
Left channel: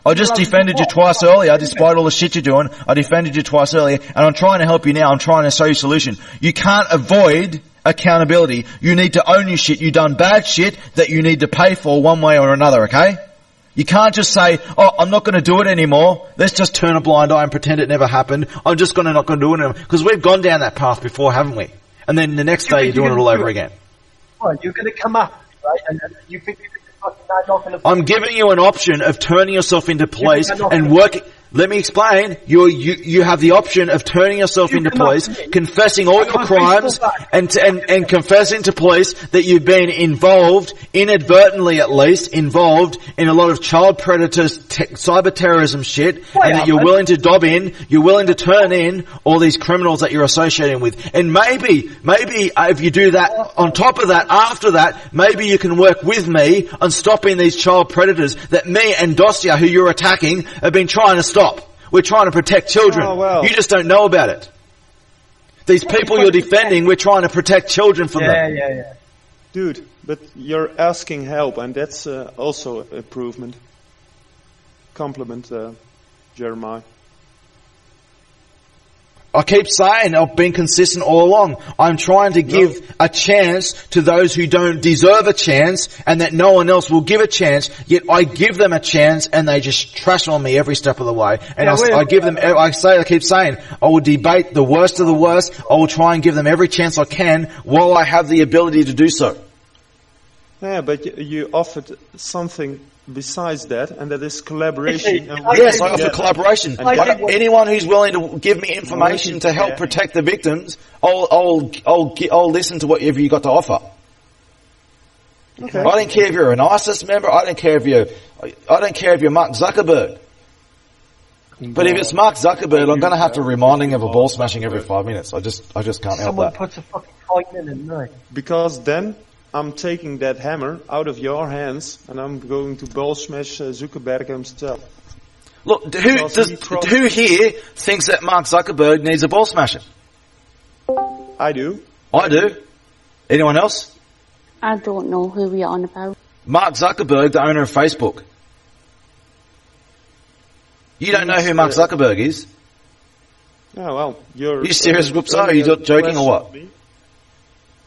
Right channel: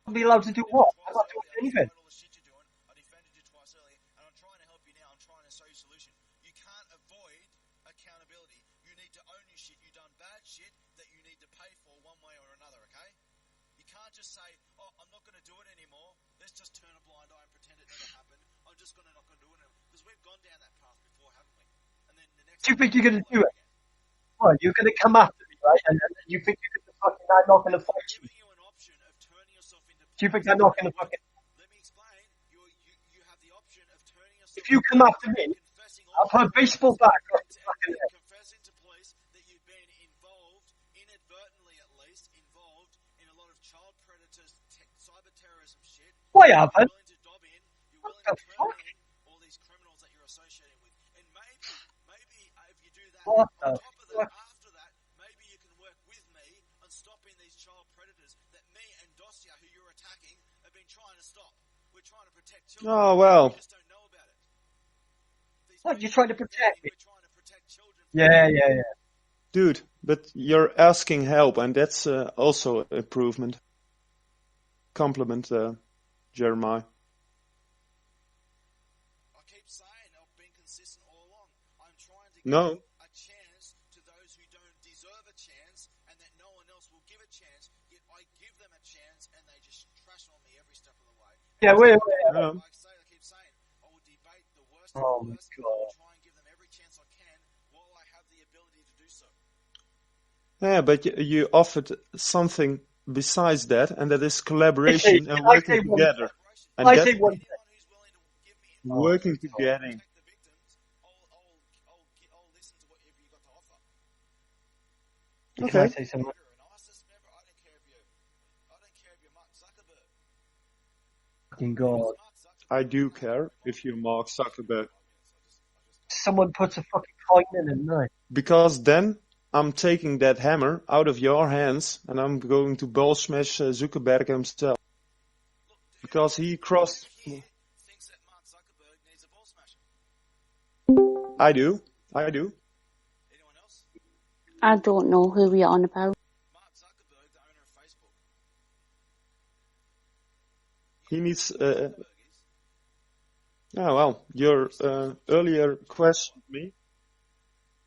I just defended you twice earlier, despite all the shit you're doing. I defended you twice earlier, and I'm trying to help you now. I'm trying to show you a solution. You can't avoid accountability. You need to own your shit. You've done bad shit that you need to pay for one way or another, okay? You can't just say, I'm not going to do it anymore. Let's just turn a blind eye and pretend it never happened. I'm just not going to do it anymore. Because we've gone down that path before, haven't we? And then the next day you're doing it all over again. Well, you're going to come after me, right? And you think you're not going to... I'm giving you an option of turning yourself into police and working... Let me explain. You have the option of turning yourself into police, confessing all your crimes, and confessing to police that you've been involved, inadvertently at least, involved in a lot of child predators, cyber terrorism shit, and that you're willing to you're willing to turn in all these criminals that you're associating with. And maybe if you do that, on top of that, after that, maybe you can work with me on stopping these child predators that me and Dosia, who you're attacking, have been trying to stop. We're trying to protect children. Oh, well. You just don't know about it. These people you're defending, we're trying to protect children from them. Yeah. Dude, but you're asking help, and that's also improvement. Compliment, Jeremiah. I keep saying, I've been consistent all along. I'm trying to give a chance to those who don't deserve a chance and that no one else will give a chance, yet I give them a chance and they just trash on me every step of the way. And I keep saying, I will debate the worst of the worst. I will try and give them every chance I can while I have the ability to do so. Yeah, but you offered something besides that, and that is collaboration. Yes, I offer collaboration. Anyone who's willing to give me information to help protect the victims, I'll listen to whatever you got to offer. Okay. I don't care if you're an ISIS member. I don't care if you're Mark Zuckerberg. But if it's Mark Zuckerberg, I'm going to have to remind him of a ball smashing every 5 minutes. I just can't help that. Someone puts a fucking coin in it, no. Because then I'm taking that hammer out of your hands and I'm going to ball smash Zuckerberg himself. Look, Because he crossed- who here thinks that Mark Zuckerberg needs a ball smasher? I do. I do. Anyone else? I don't know who we're on about. Mark Zuckerberg, the owner of Facebook. You don't know who Mark He's, Zuckerberg is? Oh, well, you're... You serious, Whoopsa? Are you earlier joking or what? questioned me.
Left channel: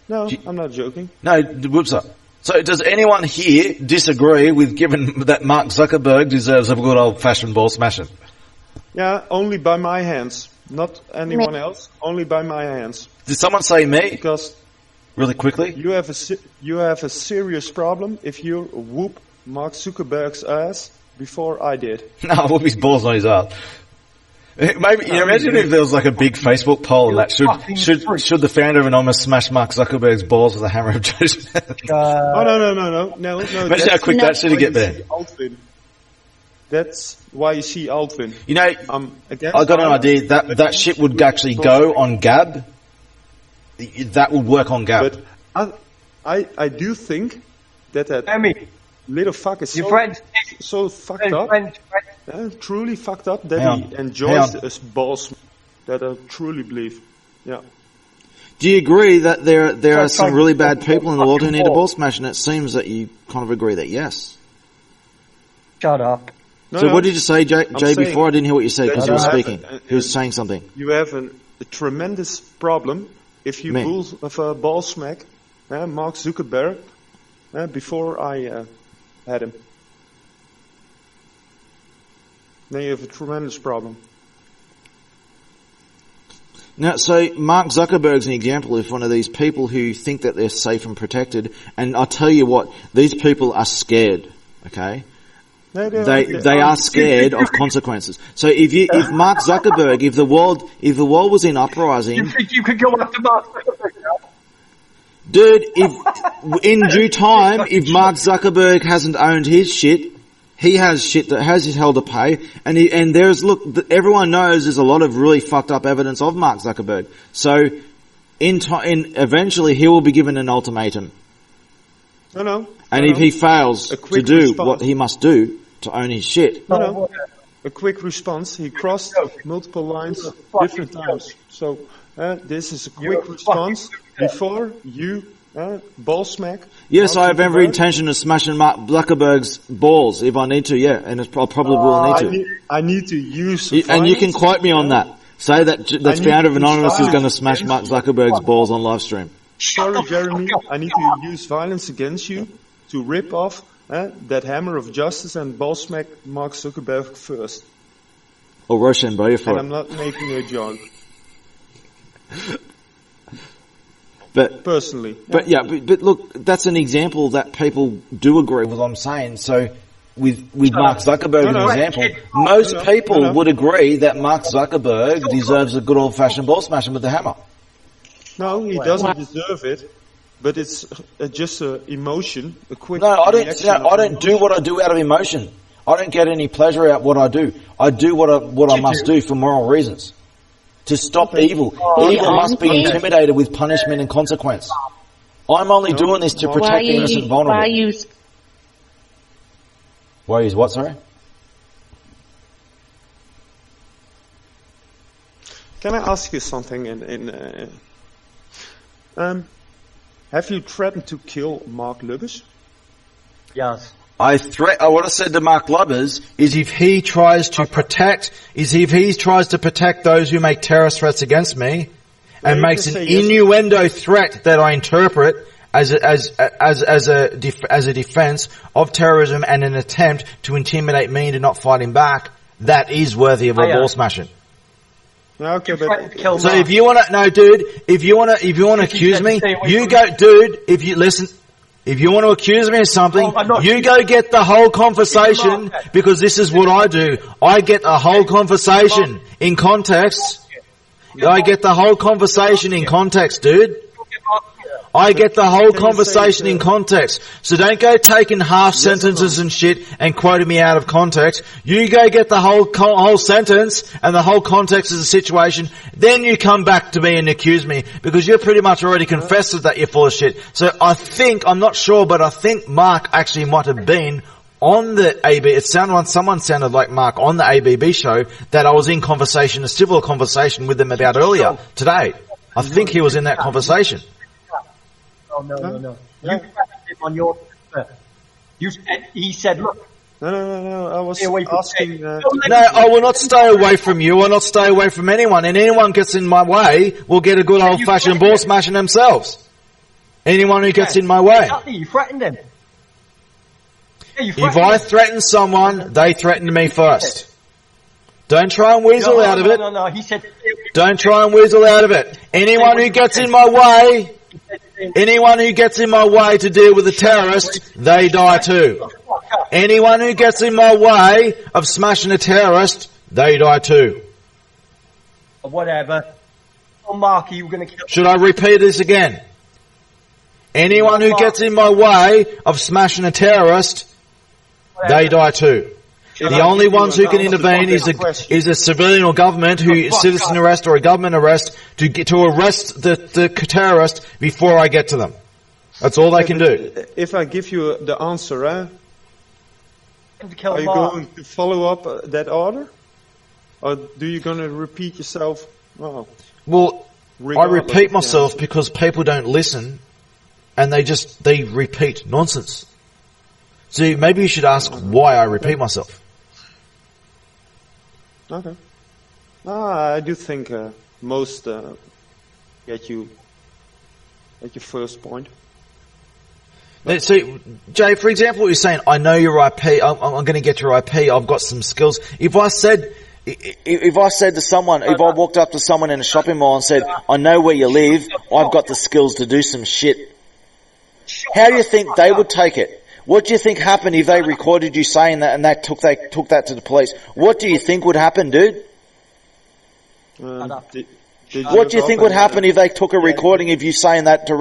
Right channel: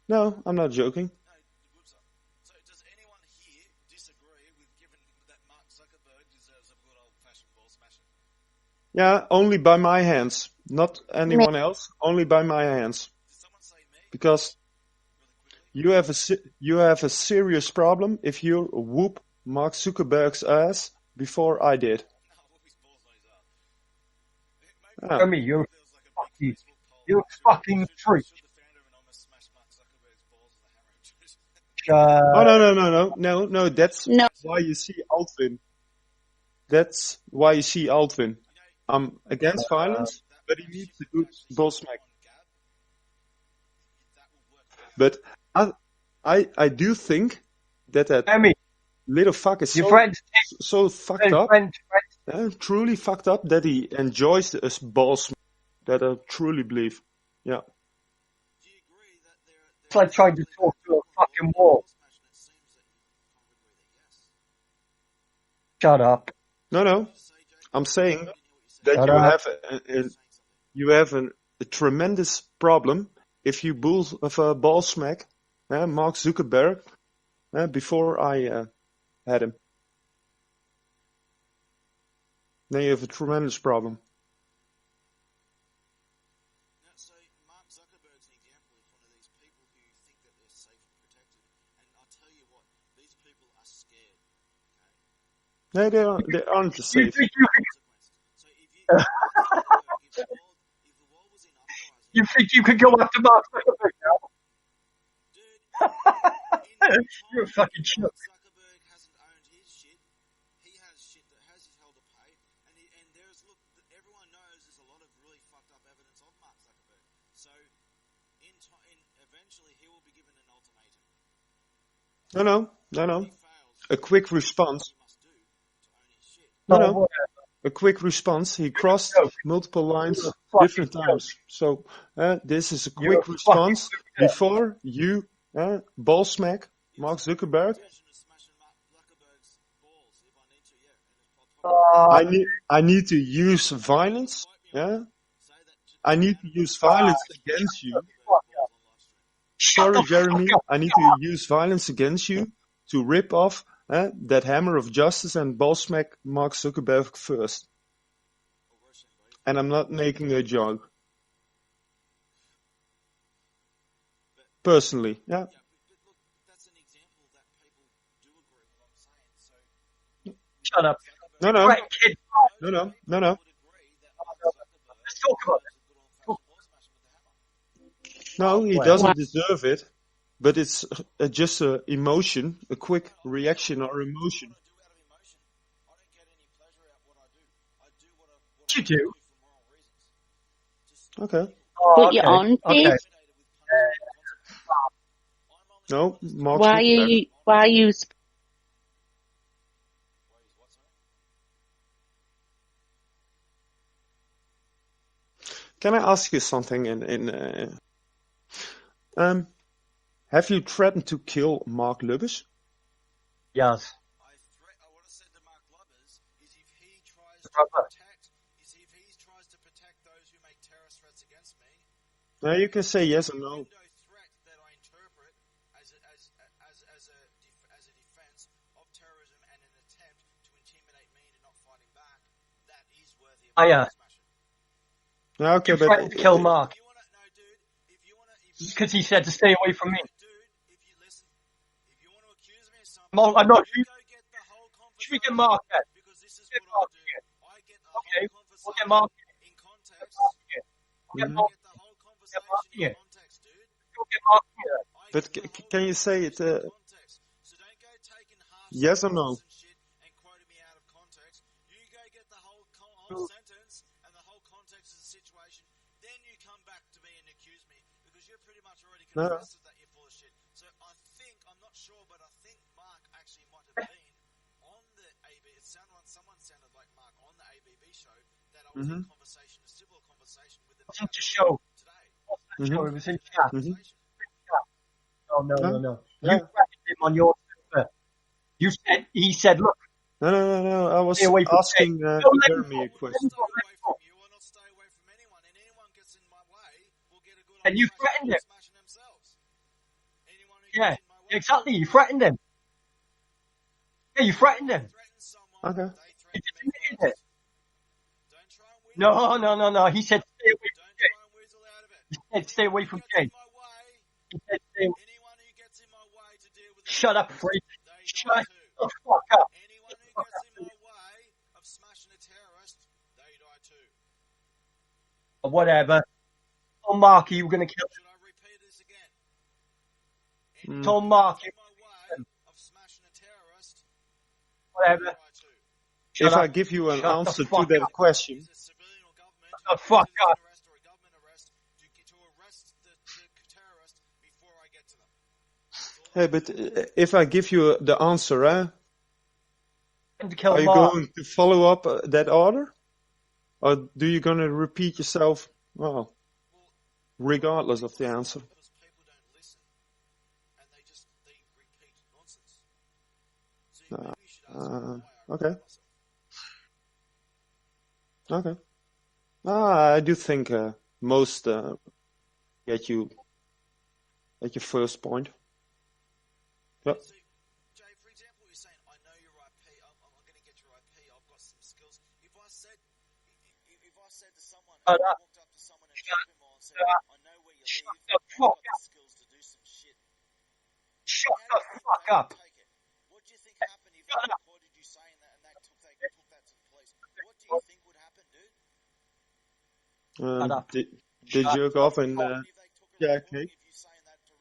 No, I'm not joking. No, Whoopsa. So does anyone here disagree with given that Mark Zuckerberg deserves a good old-fashioned ball smashing? Yeah, only by my hands. Not anyone else, only by my hands. Did someone say me? Because really quickly, you have a serious problem if you whoop Mark Zuckerberg's ass before I did. No, I whoop his balls on his ass. Maybe imagine if there was like a big Facebook poll that should the founder of Anonymous smash Mark Zuckerberg's balls with a hammer of Joseph? Oh no! Imagine how quick that should get there. Altwin. That's why you see Altwin. You know, I got an idea that shit would actually go on Gab. That would work on Gab. But I do think that little fuck is so fucked up. Truly fucked up that he enjoys this ball smash. That I truly believe. Yeah. Do you agree that there are some really bad people in the world who need a ball smash? And it seems that you kind of agree that yes. Shut up. So what did you say, Jay, before? I didn't hear what you said because you were speaking. You were saying something. You have a tremendous problem if you ball smack Mark Zuckerberg before I had him. Then you have a tremendous problem. Now, so Mark Zuckerberg's an example of one of these people who think that they're safe and protected. And I'll tell you what, these people are scared, okay? They are scared of consequences. So if Mark Zuckerberg, if the world was in uprising, you think you could go after Mark Zuckerberg now? Dude, if in due time, if Mark Zuckerberg hasn't owned his shit, he has shit that has his hell to pay, and everyone knows there's a lot of really fucked up evidence of Mark Zuckerberg. So, eventually he will be given an ultimatum. No. And if he fails to do what he must do to own his shit. No. A quick response. He crossed multiple lines different times. So, this is a quick response before you ball smack. Yes, I have every intention of smashing Mark Zuckerberg's balls if I need to, yeah, and I probably will need to. I need to use violence. And you can quote me on that. Say that the founder of Anonymous is going to smash Mark Zuckerberg's balls on live stream. Sorry, Jeremy, I need to use violence against you to rip off that hammer of justice and ball smack Mark Zuckerberg first. Or Rochambeau for And I'm not making a joke. But personally, but look, that's an example that people do agree with what I'm saying. So with Mark Zuckerberg, as an example, most people would agree that Mark Zuckerberg deserves a good old-fashioned ball smashing with the hammer. No, he doesn't deserve it, but it's just an emotion, a quick reaction. I don't do what I do out of emotion. I don't get any pleasure out of what I do. I do what I must do for moral reasons. To stop evil. People must be intimidated with punishment and consequence. I'm only doing this to protect the innocent vulnerable. Why use what, sorry? Can I ask you something? Have you threatened to kill Mark Lubbers? Yes. What I said to Mark Lubbers is if he tries to protect those who make terrorist threats against me, and makes an innuendo threat that I interpret as a defense of terrorism and an attempt to intimidate me into not fighting back, that is worthy of a ball smashing. Okay, but so if you want to accuse me, you go, dude. If you want to accuse me of something, you go get the whole conversation, because this is what I do. I get the whole conversation in context. I get the whole conversation in context, dude. I get the whole Can you conversation say in it, context. So don't go taking half Yes or sentences no? and shit and quoting me out of context. You go get the whole sentence and the whole context of the situation. Then you come back to me and accuse me because you're pretty much already confessed that you're full of shit. So I think, I'm not sure, but I think Mark actually might have been on the AB. Someone sounded like Mark on the ABB show that I was in conversation, a civil conversation with them about earlier today. I think he was in that conversation. No. You threatened him on your Twitter. He said, look. No. I was Stay away from asking. No, I will not stay away from you. I will not stay away from anyone. And anyone gets in my way will get a good old-fashioned ball smashing themselves. Anyone who gets in my way. Exactly, you threatened him. Yeah, you If threatened I him. threaten someone, they threaten me first. Don't try and weasel out of it. No. He said. Don't try and weasel out of it. Anyone who gets in my way, to deal with a terrorist, they die too. Anyone who gets in my way of smashing a terrorist, they die too. Whatever. Oh, Mark, you were going to kill. Should I repeat this again? Anyone who gets in my way of smashing a terrorist, they die too. The only ones who can intervene is a civilian or government citizen arrest or a government arrest to arrest the terrorist before I get to them. That's all they can do. If I give you the answer, are you going to follow up that order? Or do you going to repeat yourself? Well, I repeat myself because people don't listen and they repeat nonsense. So maybe you should ask why I repeat myself. Okay. I do think most get you at your first point. See, Jay, for example, what you're saying, I know your IP, I'm going to get your IP, I've got some skills. If I said to someone, if I walked up to someone in a shopping mall and said, I know where you live, I've got the skills to do some shit, how do you think they would take it? What do you think happened if they recorded you saying that and they took that to the police? What do you think would happen, dude? What do you think would happen if they took a recording of you saying that to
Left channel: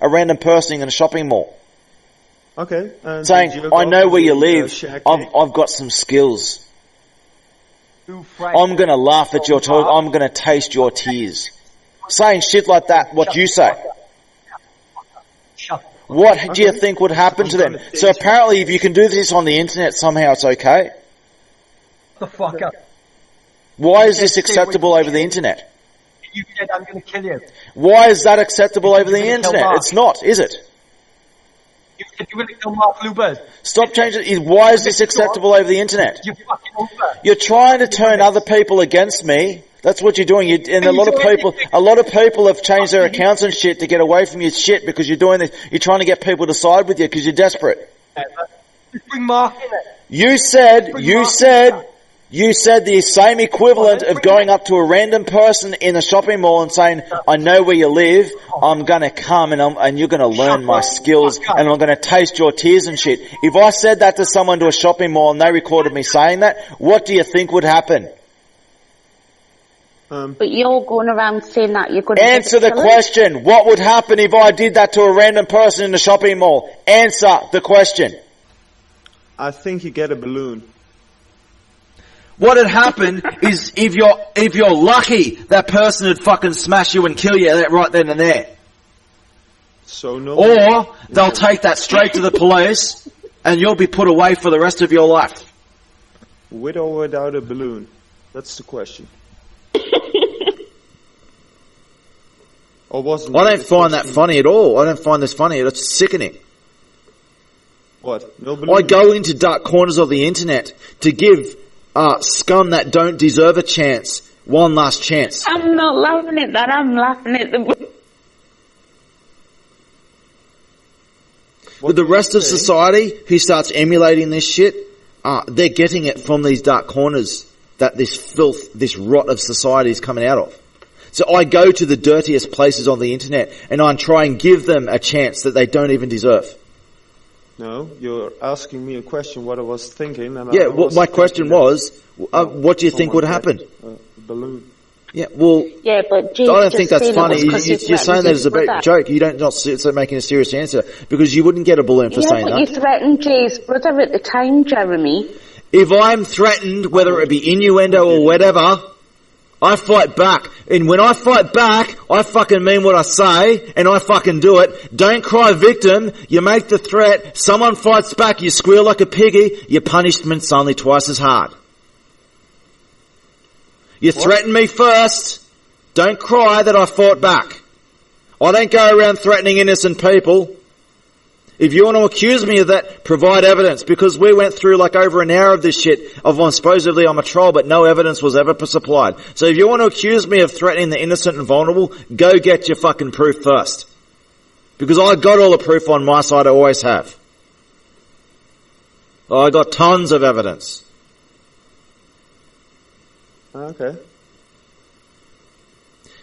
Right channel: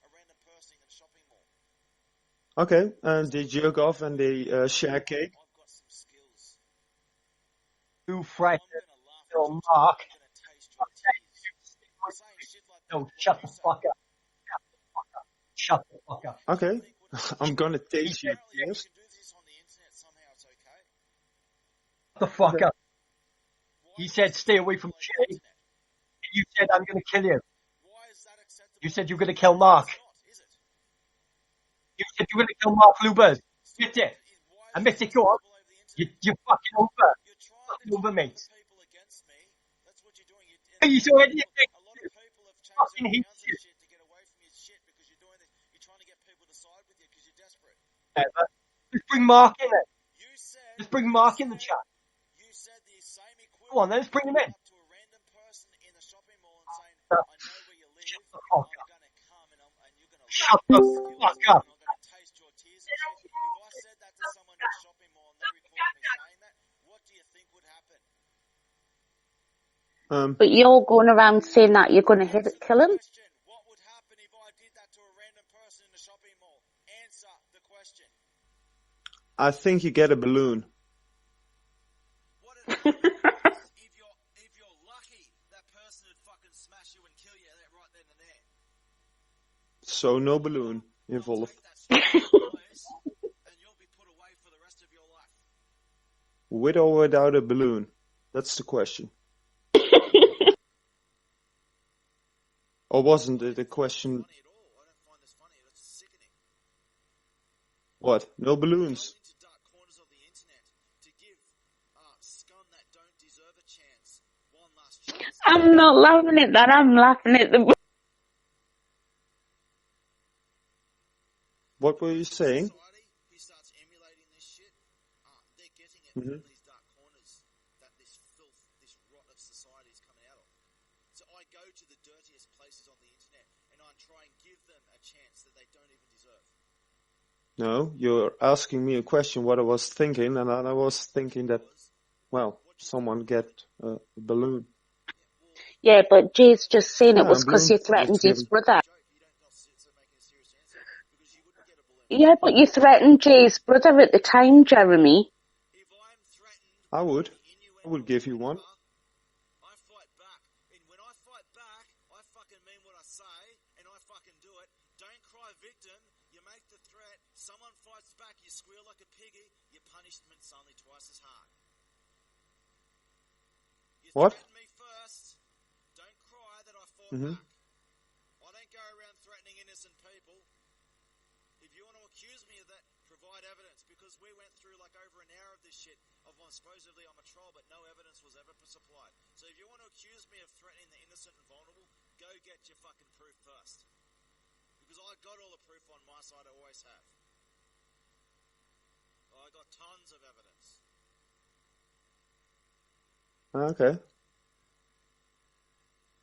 a random person in a shopping mall? Okay. Saying, I know where you live, I've got some skills. I'm going to laugh at your talk, I'm going to taste your tears. Saying shit like that, what you say. What do you think would happen to them? So apparently if you can do this on the internet somehow it's okay. The fuck up. Why is this acceptable over the internet? You said I'm going to kill you. Why is that acceptable over the internet? It's not, is it? You said you were going to kill Mark Lubers. Stop changing it. Why is this acceptable over the internet? You fucking over. You're trying to turn other people against me. That's what you're doing. And a lot of people have changed their accounts and shit to get away from your shit because you're doing this. You're trying to get people to side with you because you're desperate. Just bring Mark in it. You said the same equivalent of going up to a random person in a shopping mall and saying, I know where you live, I'm going to come and you're going to learn my skills and I'm going to taste your tears and shit. If I said that to someone to a shopping mall and they recorded me saying that, what do you think would happen? But you're going around saying that you're going to answer the question. What would happen if I did that to a random person in the shopping mall? Answer the question. I think you get a balloon. What had happened is if you're lucky, that person would fucking smash you and kill you right then and there. So no. Or they'll take that straight to the police and you'll be put away for the rest of your life. With or without a balloon? That's the question. Or wasn't I don't find that funny at all. I don't find this funny. It's sickening. What? No balloon? I go into dark corners of the internet to give scum that don't deserve a chance one last chance. I'm not laughing at that. I'm laughing at the... With the rest of society who starts emulating this shit, they're getting it from these dark corners that this filth, this rot of society is coming out of. So I go to the dirtiest places on the internet and I try and give them a chance that they don't even deserve. No, you're asking me a question what I was thinking. And my question was, what do you think would happen? A balloon. Yeah, well, Yeah, but I Jade's don't think just that's saying it funny. was because you You're saying threatened that his as a brother. joke. You don't not making a serious answer because you wouldn't get a balloon for Yeah, saying but that. you threatened Jay's brother at the time, Jeremy. If I'm threatened, whether it be innuendo or whatever, I fight back. And when I fight back, I fucking mean what I say, and I fucking do it. Don't cry victim. You make the threat. Someone fights back. You squeal like a piggy. Your punishment's only twice as hard. You threaten me first. Don't cry that I fought back. I don't go around threatening innocent people. If you want to accuse me of that, provide evidence, because we went through like over an hour of this shit of supposedly I'm a troll, but no evidence was ever supplied. So if you want to accuse me of threatening the innocent and vulnerable, go get your fucking proof first. Because I got all the proof on my side, I always have. I got tons of evidence. Okay.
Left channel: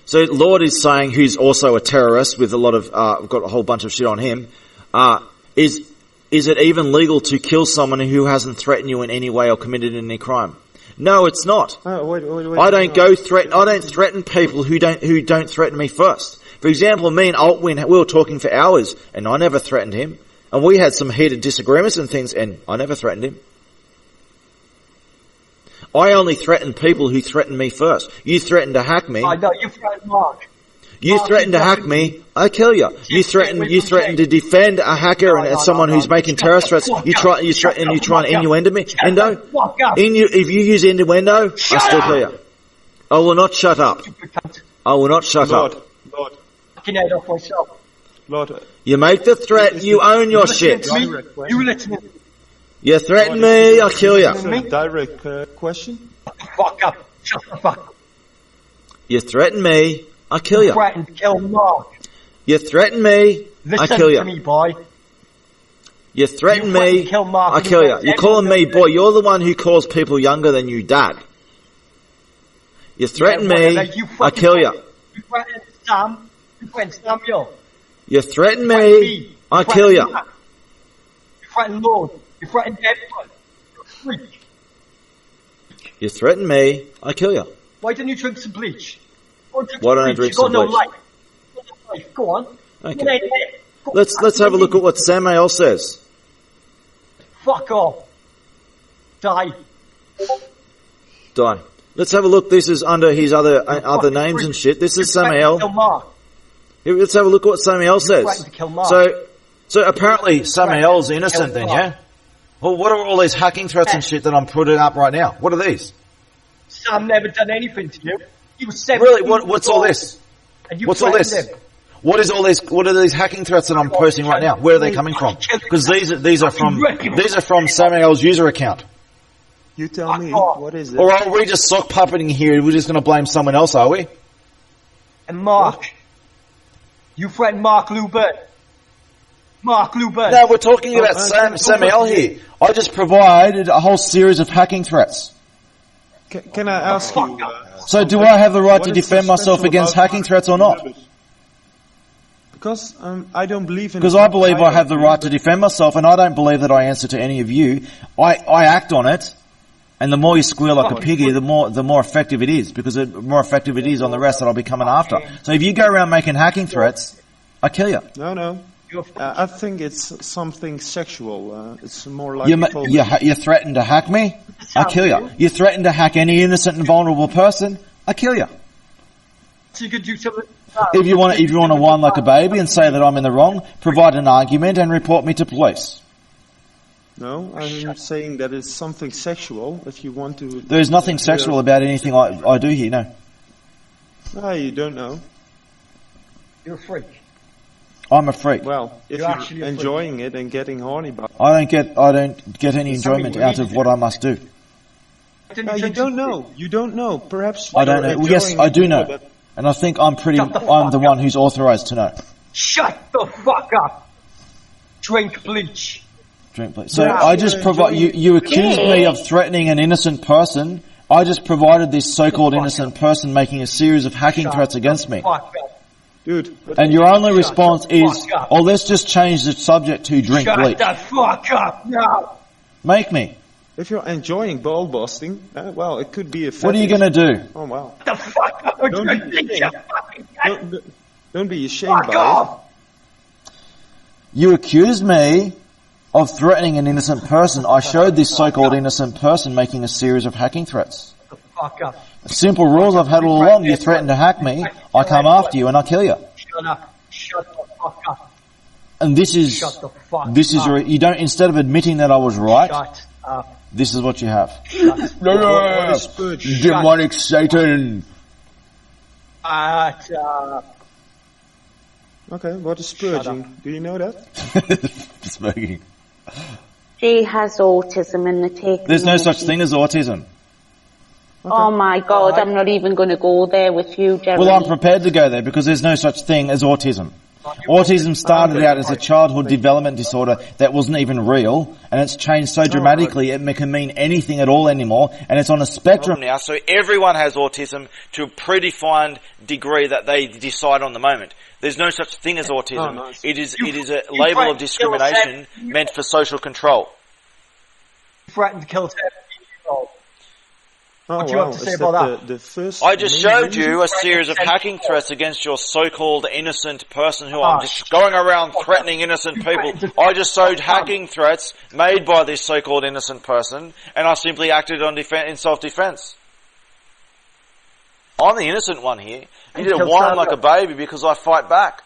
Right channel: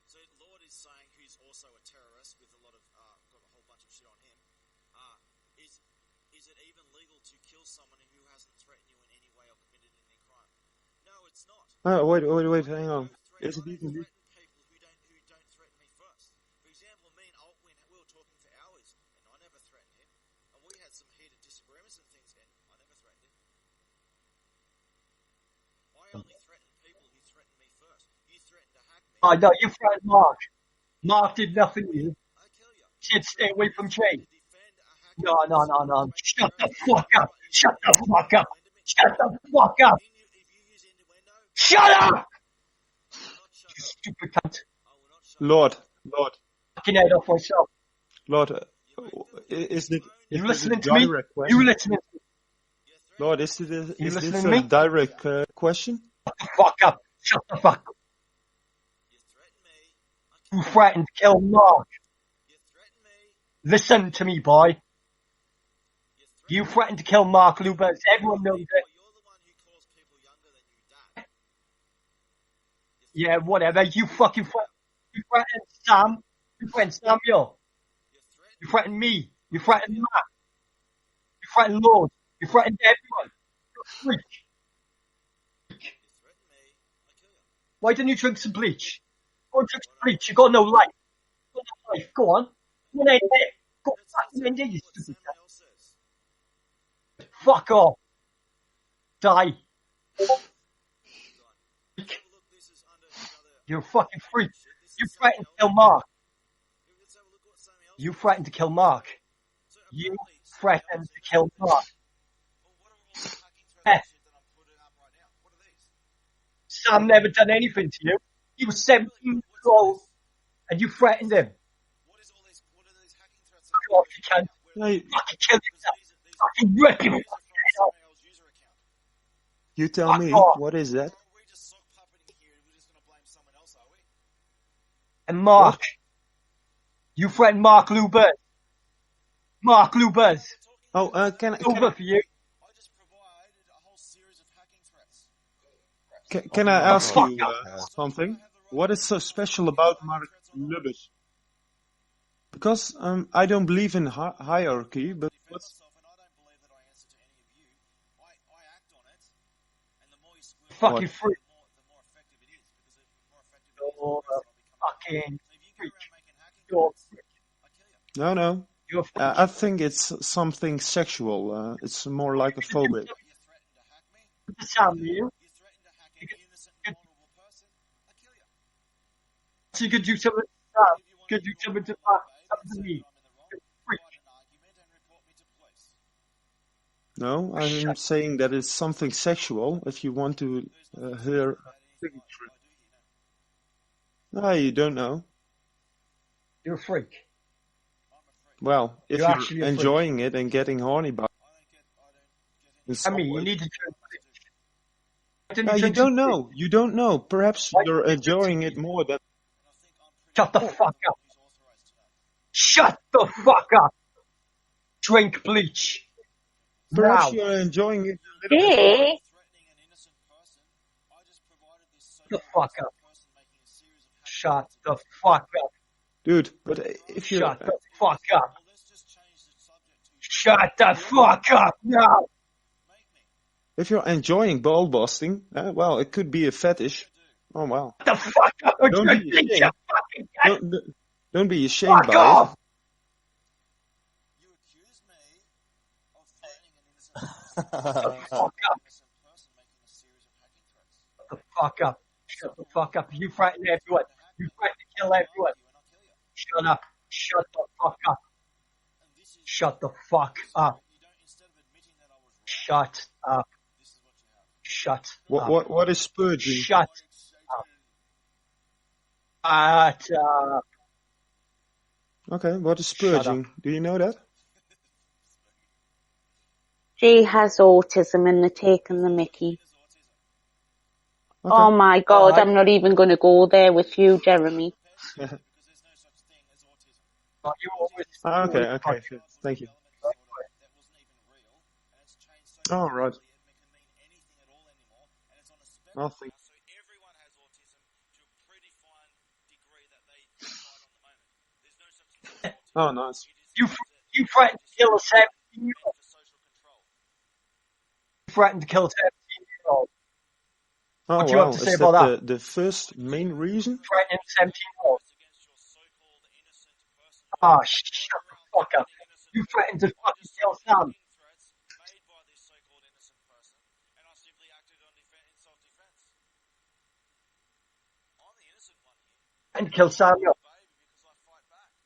So Lord is saying, who's also a terrorist with a lot of, got a whole bunch of shit on him, is it even legal to kill someone who hasn't threatened you in any way or committed any crime? No, it's not. Oh, wait, I don't threaten people who don't threaten me first. For example, me and Altwin, we were talking for hours, and I never threatened him. And we had some heated disagreements and things, and I never threatened him. I only threaten people who threaten me first. You threatened to hack me. I know, you threatened Mark. You threaten to hack me, I kill you. You threaten to defend a hacker and someone who's making terrorist threats. You try and innuendo me. If you use innuendo, I still kill you. I will not shut up. I will not shut up. Lord. Fucking head off myself. Lord. You make the threat, you own your shit. You listen to me. You threaten me, I'll kill you. Is this a direct question? Fuck up. Shut the fuck up. You threaten me, I'll kill you. You threatened to kill Mark. You threaten me, Listen I kill you. to me, boy. You threaten threatened me, to kill Mark. I kill you. You're calling me boy. You're the one who calls people younger than you dad. You threaten me, I kill you. You threatened Sam. You threatened Samuel. You threaten me, I kill you. You threatened Lord. You threatened everyone. You're a freak. You threaten me, I kill you. Why didn't you drink some bleach? Why don't I drink You got some no bleach? life. You got no life. Go on. Okay. Let's have a look at what Samael says. Fuck off. Die. Die. Let's have a look. This is under his other names freak. and shit. This is You threatened Samael. to kill Mark. Here, let's have a look at what Samael says. threatened to kill Mark. So apparently Samael's threatened to innocent kill then, Mark. yeah? Well, what are all these hacking threats and shit that I'm putting up right now? What are these? Sam never done anything to you. He was 17 Really? What's all this? And you What's all threatened this? him. What is all this? What are these hacking threats that I'm posting right now? Where are they coming from? Because these are from Samael's user account. You tell me, what is it? Or are we just sock puppeting here? We're just going to blame someone else, are we? And Mark. What? You threatened Mark Lubert. Mark Lubert. No, we're talking about Samael here. I just provided a whole series of hacking threats. Can I ask you? So do I have the right to defend myself against hacking threats or not? Because I don't believe in. Because I believe I have the right to defend myself, and I don't believe that I answer to any of you. I act on it, and the more you squeal like a piggy, the more effective it is. Because the more effective it is on the rest that I'll be coming after. So if you go around making hacking threats, I kill you. No. I think it's something sexual. It's more like you threaten to hack me, I kill you. You threaten to hack any innocent and vulnerable person, I kill you. So you could do something. If you want to whine like a baby and say that I'm in the wrong, provide an argument and report me to police. No, I'm saying that it's something sexual. If you want to, there is nothing sexual about anything I do here. No. No, you don't know. You're a freak. I'm a freak. Well, if you're enjoying it and getting horny about it. I don't get any enjoyment out of what I must do. No, you don't know. You don't know. Perhaps I don't know. Yes, I do know. And I think I'm the one who's authorized to know. Shut the fuck up. Drink bleach. Drink bleach. So I just provide, you accused me of threatening an innocent person. I just provided this so-called innocent person making a series of hacking threats against me. Dude. And your only response is, let's just change the subject to drink bleach. Shut the fuck up now. Make me. If you're enjoying ball busting, well, it could be a fetish. What are you going to do? Oh, wow. The fuck up! Don't be ashamed. Don't be ashamed Fuck by off! You accused me of threatening an innocent person. I showed this so-called innocent person making a series of hacking threats. The fuck up! Simple rules I've had all along. You threaten to hack me, I come after you and I kill you. Shut up! Shut the fuck up! And this is Shut the fuck up. You don't, instead of admitting that I was right, Shut up! this is what you have. Shut what is spurge? Demonic Satan. Shut up! Okay, what is spurging? Do you know that? Smoking. She has autism and they're taking There's no the such mickey. thing as autism. Oh my God, I'm not even going to go there with you, Jeremy. Well, I'm prepared to go there because there's no such thing as autism. Autism started out as a childhood development disorder that wasn't even real, and it's changed so dramatically it can mean anything at all anymore, and it's on a spectrum now. So everyone has autism to a predefined degree that they decide on the moment. There's no such thing as autism. Oh, nice. It is a label of discrimination meant for social control. Threatened to kill 17-year-old. Oh, What do you have to say about that? The first I just main showed reason? you a series of hacking threats against your so-called innocent person who I'm just going around threatening innocent people. I just showed hacking threats made by this so-called innocent person, and I simply acted in self-defense. I'm the innocent one here. You didn't whine like a baby because I fight back.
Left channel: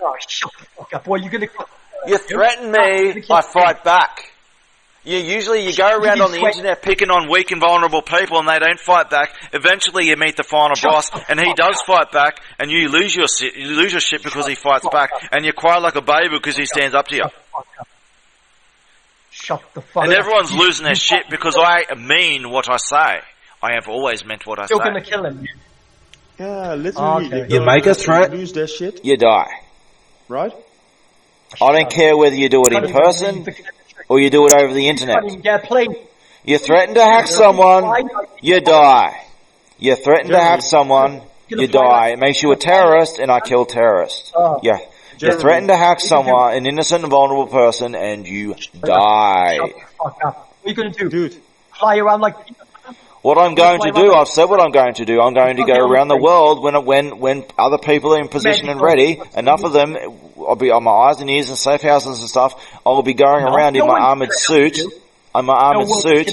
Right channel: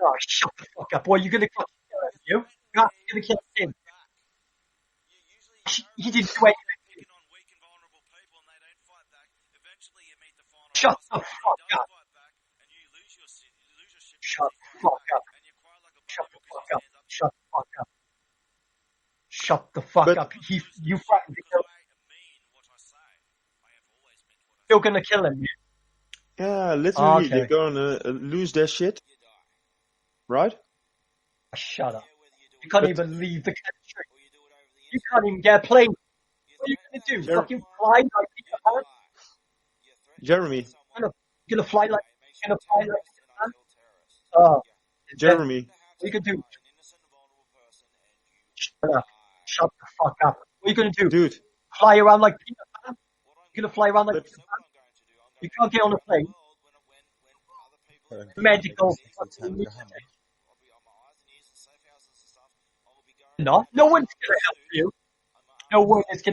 Oh, shut the fuck up, boy! You're gonna. You threaten me, I fight back. Usually you go around on the internet picking on weak and vulnerable people and they don't fight back. Eventually you meet the final boss and he does fight back and you lose your shit because he fights back and you cry like a baby because he stands up to you. Shut the fuck up. And everyone's losing their shit because I mean what I say. I have always meant what I say. You're gonna kill him. Yeah, literally. Okay. You make a threat, lose their shit, you die. right? I don't care whether you do it in person or you do it over the You internet. can't even get a plane. You threaten to hack someone, you die. You threaten to hack someone, you die. It makes you a terrorist, and I kill terrorists. Yeah. You threaten to hack someone, an innocent and vulnerable person, and you die. Shut the fuck up. What are you gonna do? Dude. Fly around like Peter Pan? What I'm going to do, I've said what I'm going to do. I'm going to go around the world when other people are in position and ready. Enough of them, I'll be on my eyes and ears and safe houses and stuff. I will be going around in my armored suit. I'm my armored suit.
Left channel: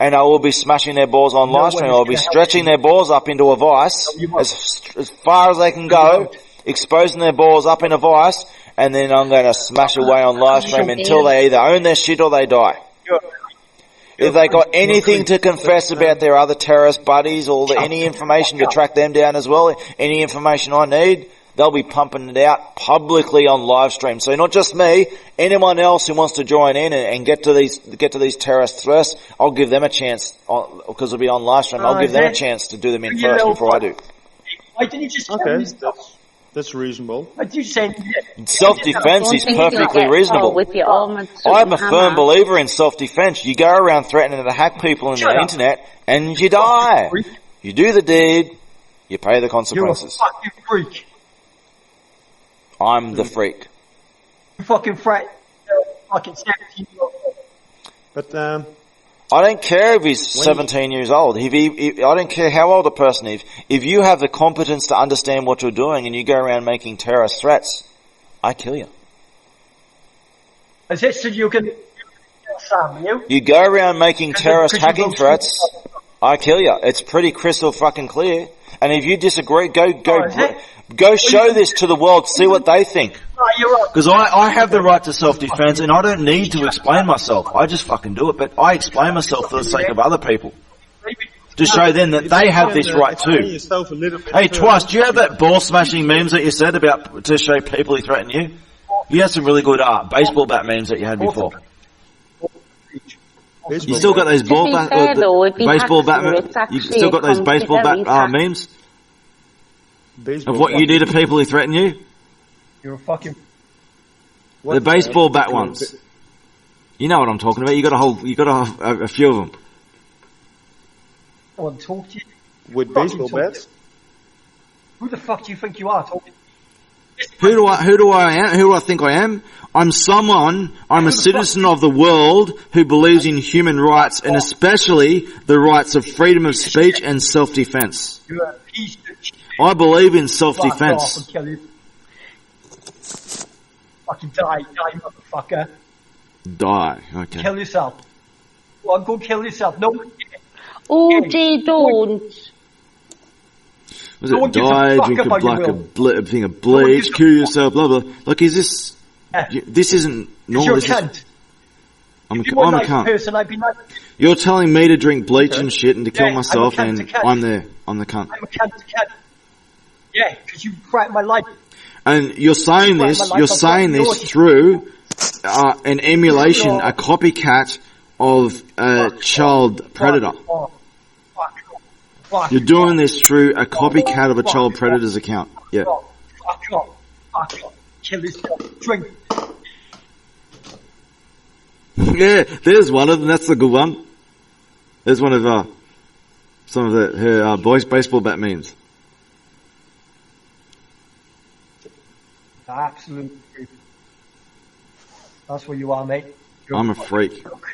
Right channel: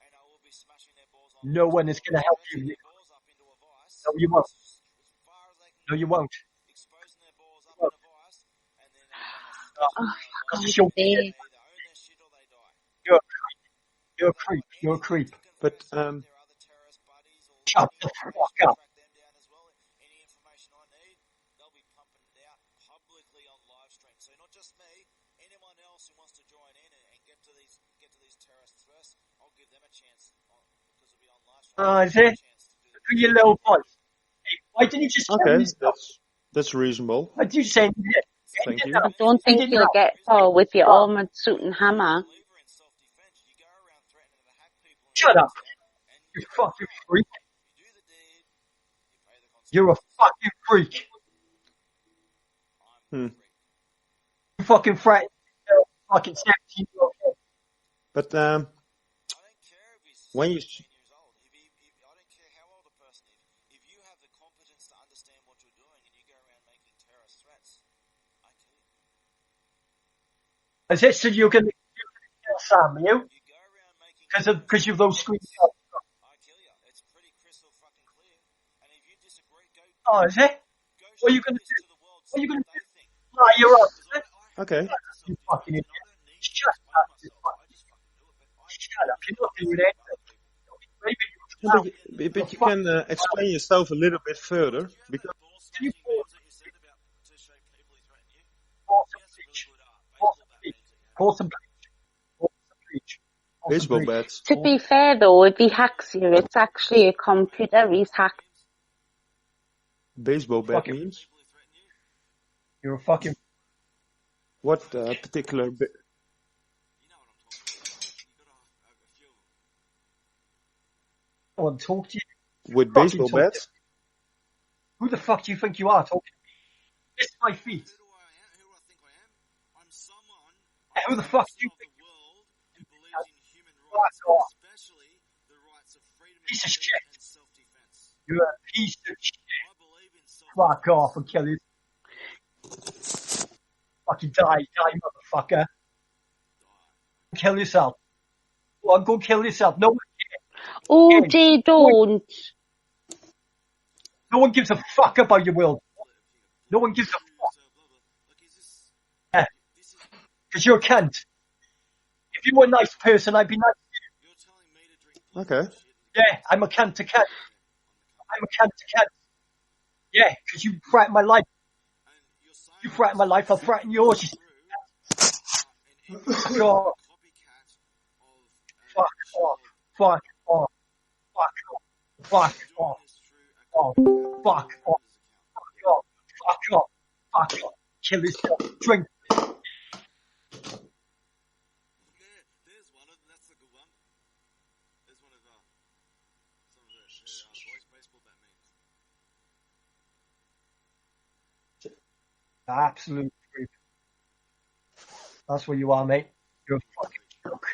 And I will be smashing their balls on live stream. I'll be stretching their balls up into a vice as far as they can go, exposing their balls up in a vice, and then I'm going to smash away on live stream until they either own their shit or they die. If they got anything to confess about their other terrorist buddies or any information to track them down as well, any information I need, they'll be pumping it out publicly on live stream. So not just me, anyone else who wants to join in and get to these terrorist threats, I'll give them a chance because it'll be on live stream. I'll give them a chance to do them in first before I do. Why didn't you just That's reasonable. What did you say? Self-defense is perfectly reasonable. With your armored suit I'm a and firm hammer. believer in self-defense. You go around threatening to hack people on the internet and you die. You do the deed, you pay the You're a consequences. fucking freak. I'm the freak. You fucking fret. Fucking 17-year-old. But I don't care if he's 17 years old. I don't care how old a person is. If you have the competence to understand what you're doing and you go around making terrorist threats, I kill you. Is it so you're going to kill Sam, you? You go around making terrorist hacking threats, I kill you. It's pretty crystal fucking clear. And if you disagree, go show this to the world, see what they think. Because I have the right to self-defense and I don't need to explain myself. I just fucking do it, but I explain myself for the sake of other people. To show them that they have this right too. Yourself a little bit Hey, further. Twice, do you have that ball-smashing memes that you said about to show people who threaten you? You had some really good baseball bat memes that you had before. You still got those To be fair though, if he baseball hacks you, bat. it's You actually still a got those baseball computer he's bat hacked. memes Baseball of what you bat. do to people who threaten you. You're a fucking... The baseball bat particular ones. You know what I'm talking about. You got a few of them. I want to talk to you. With baseball bats? Who the fuck do you think you are talking? Who do I think I am? I'm a citizen of the world who believes in human rights and especially the rights of freedom of speech and self-defense. You're a piece of shit. I believe in Fuck off self-defense. and kill you. Fucking die, motherfucker. Die. Okay. Kill yourself. Well, go kill yourself. No one cares. Oh, Jay, don't. Was No it one gives a die, fuck drink about a your black, will. a thing of No one bleach, gives a kill fuck. yourself, blah blah. Like, is this? Yeah. This isn't. Because normal, you're a is this- cunt. I'm If you were a I'm nice cunt. person, I'd be nice. You're telling me to drink bleach Okay. and shit and to kill Yeah, I'm a myself, cunt and to cunt. I'm there. I'm the cunt. I'm a cunt to cunt. Yeah, because you threatened my life. And you're saying Right, this. my life, You're I'll saying threaten yours. this through an emulation, No. a copycat of a child predator. Fuck off. Fuck off. Fuck You're doing off. this through a copycat of a Fuck child off. predator's account. Yeah. Fuck off. Fuck off. Kill yourself. Drink. Yeah, there's one of them. That's the good one. There's one of some of her boys baseball bat memes. Absolute freak. That's what you are, mate. You're I'm a fucking freak. joke.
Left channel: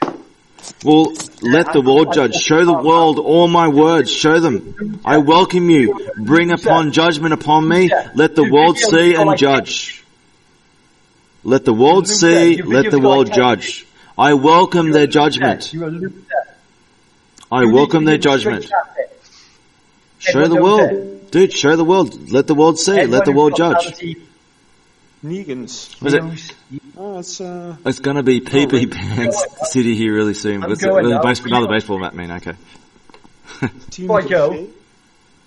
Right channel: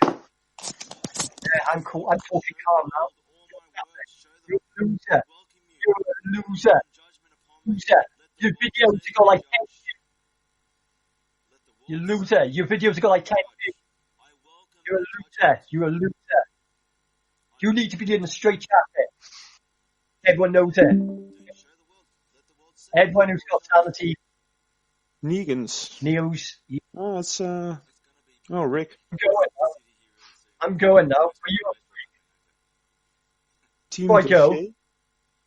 Well, let the I'm- world I'm judge. talking Show the about- world all my words. Show them. I welcome you. Bring upon judgment upon me. Let the Your world videos see go and like judge. Let the world You're a see. loser. Your Let videos the go like world that. judge. I welcome You're a their loser. judgment. You're a loser. I You need welcome to their be in the straight judgment. jacket. Show Everyone the knows that. world. Dude, show the world. Let the world see. Let Everyone the who's world got judge. sanity Negans. knows. Oh, it's It's going to be PP Rick. Pants City here really soon. I'm It's going another now. another baseball bat mean, okay. Team Before I go, Deshea.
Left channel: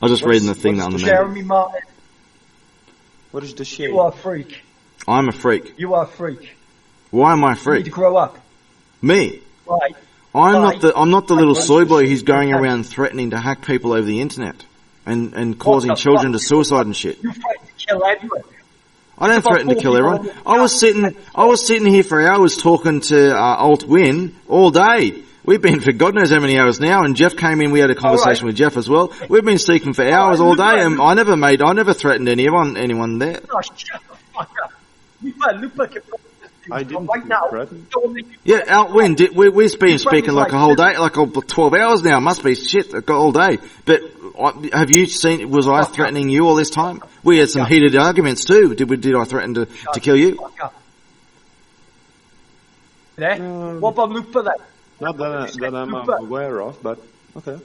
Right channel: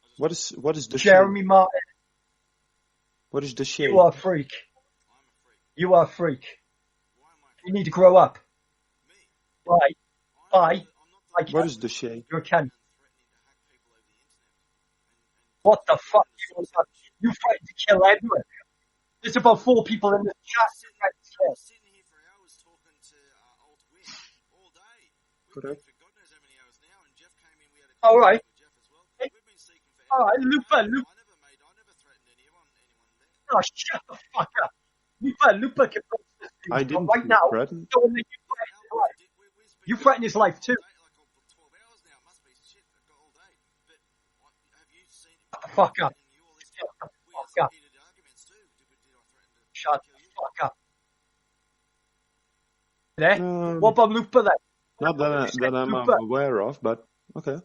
I was just What reading is- the thing what is on the the Jeremy Martin, What is the you shade? are a freak. I'm a freak. You are a freak. Why am I a You need freak? to grow up. Me? Right. I'm Why? not the little What is soy this boy shit? who's going Okay. around threatening to hack people over the internet and causing the children fuck? to suicide and shit. You threatened to kill everyone. I It's don't about threaten to 4 kill people everyone. in the I was sitting here for hours talking to Alt Win all day. We've been for God knows how many hours now, and Jeff came in. We had a conversation with Jeff as well. We've been speaking for hours all day, and I never threatened anyone there. Oh, shut the fuck up. Lupa can I didn't right now. threaten. Don't make you Yeah, Alt Win, we've been You threatened speaking his like a life, whole too. day, like 12 hours now. Must be shit, all day. But have you seen? Was I Fuck up. threatening you all this time? We had some Fuck up. heated arguments too. Did I threaten to kill you? fuck up. There? What about Lupa then? Not that I'm Lupa. aware of, but okay.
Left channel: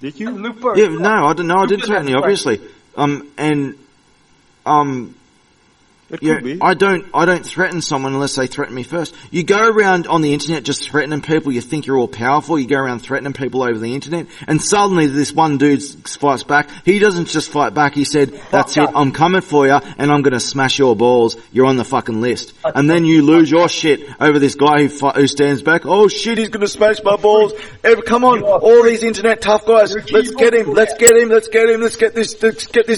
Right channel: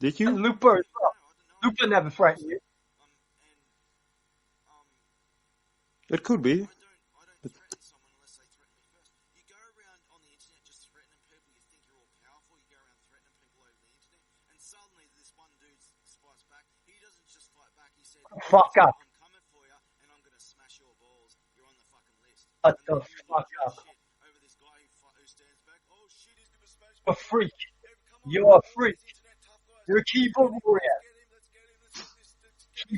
Did you? Lupa. Yeah, no, I didn't know. I didn't Lupa threaten you, never obviously. It Yeah, could be. I don't threaten someone unless they threaten me first. You go around on the internet just threatening people. You think you're all powerful. You go around threatening people over the internet, and suddenly this one dude fights back. He doesn't just fight back. He said, "That's it. I'm coming for you, and I'm going to smash your balls. You're on the fucking list." And then you lose your shit over this guy who stands back. Oh shit, he's going to smash my balls. Come on, all these internet tough guys. Let's get him. Let's get him. Let's get him. Let's get this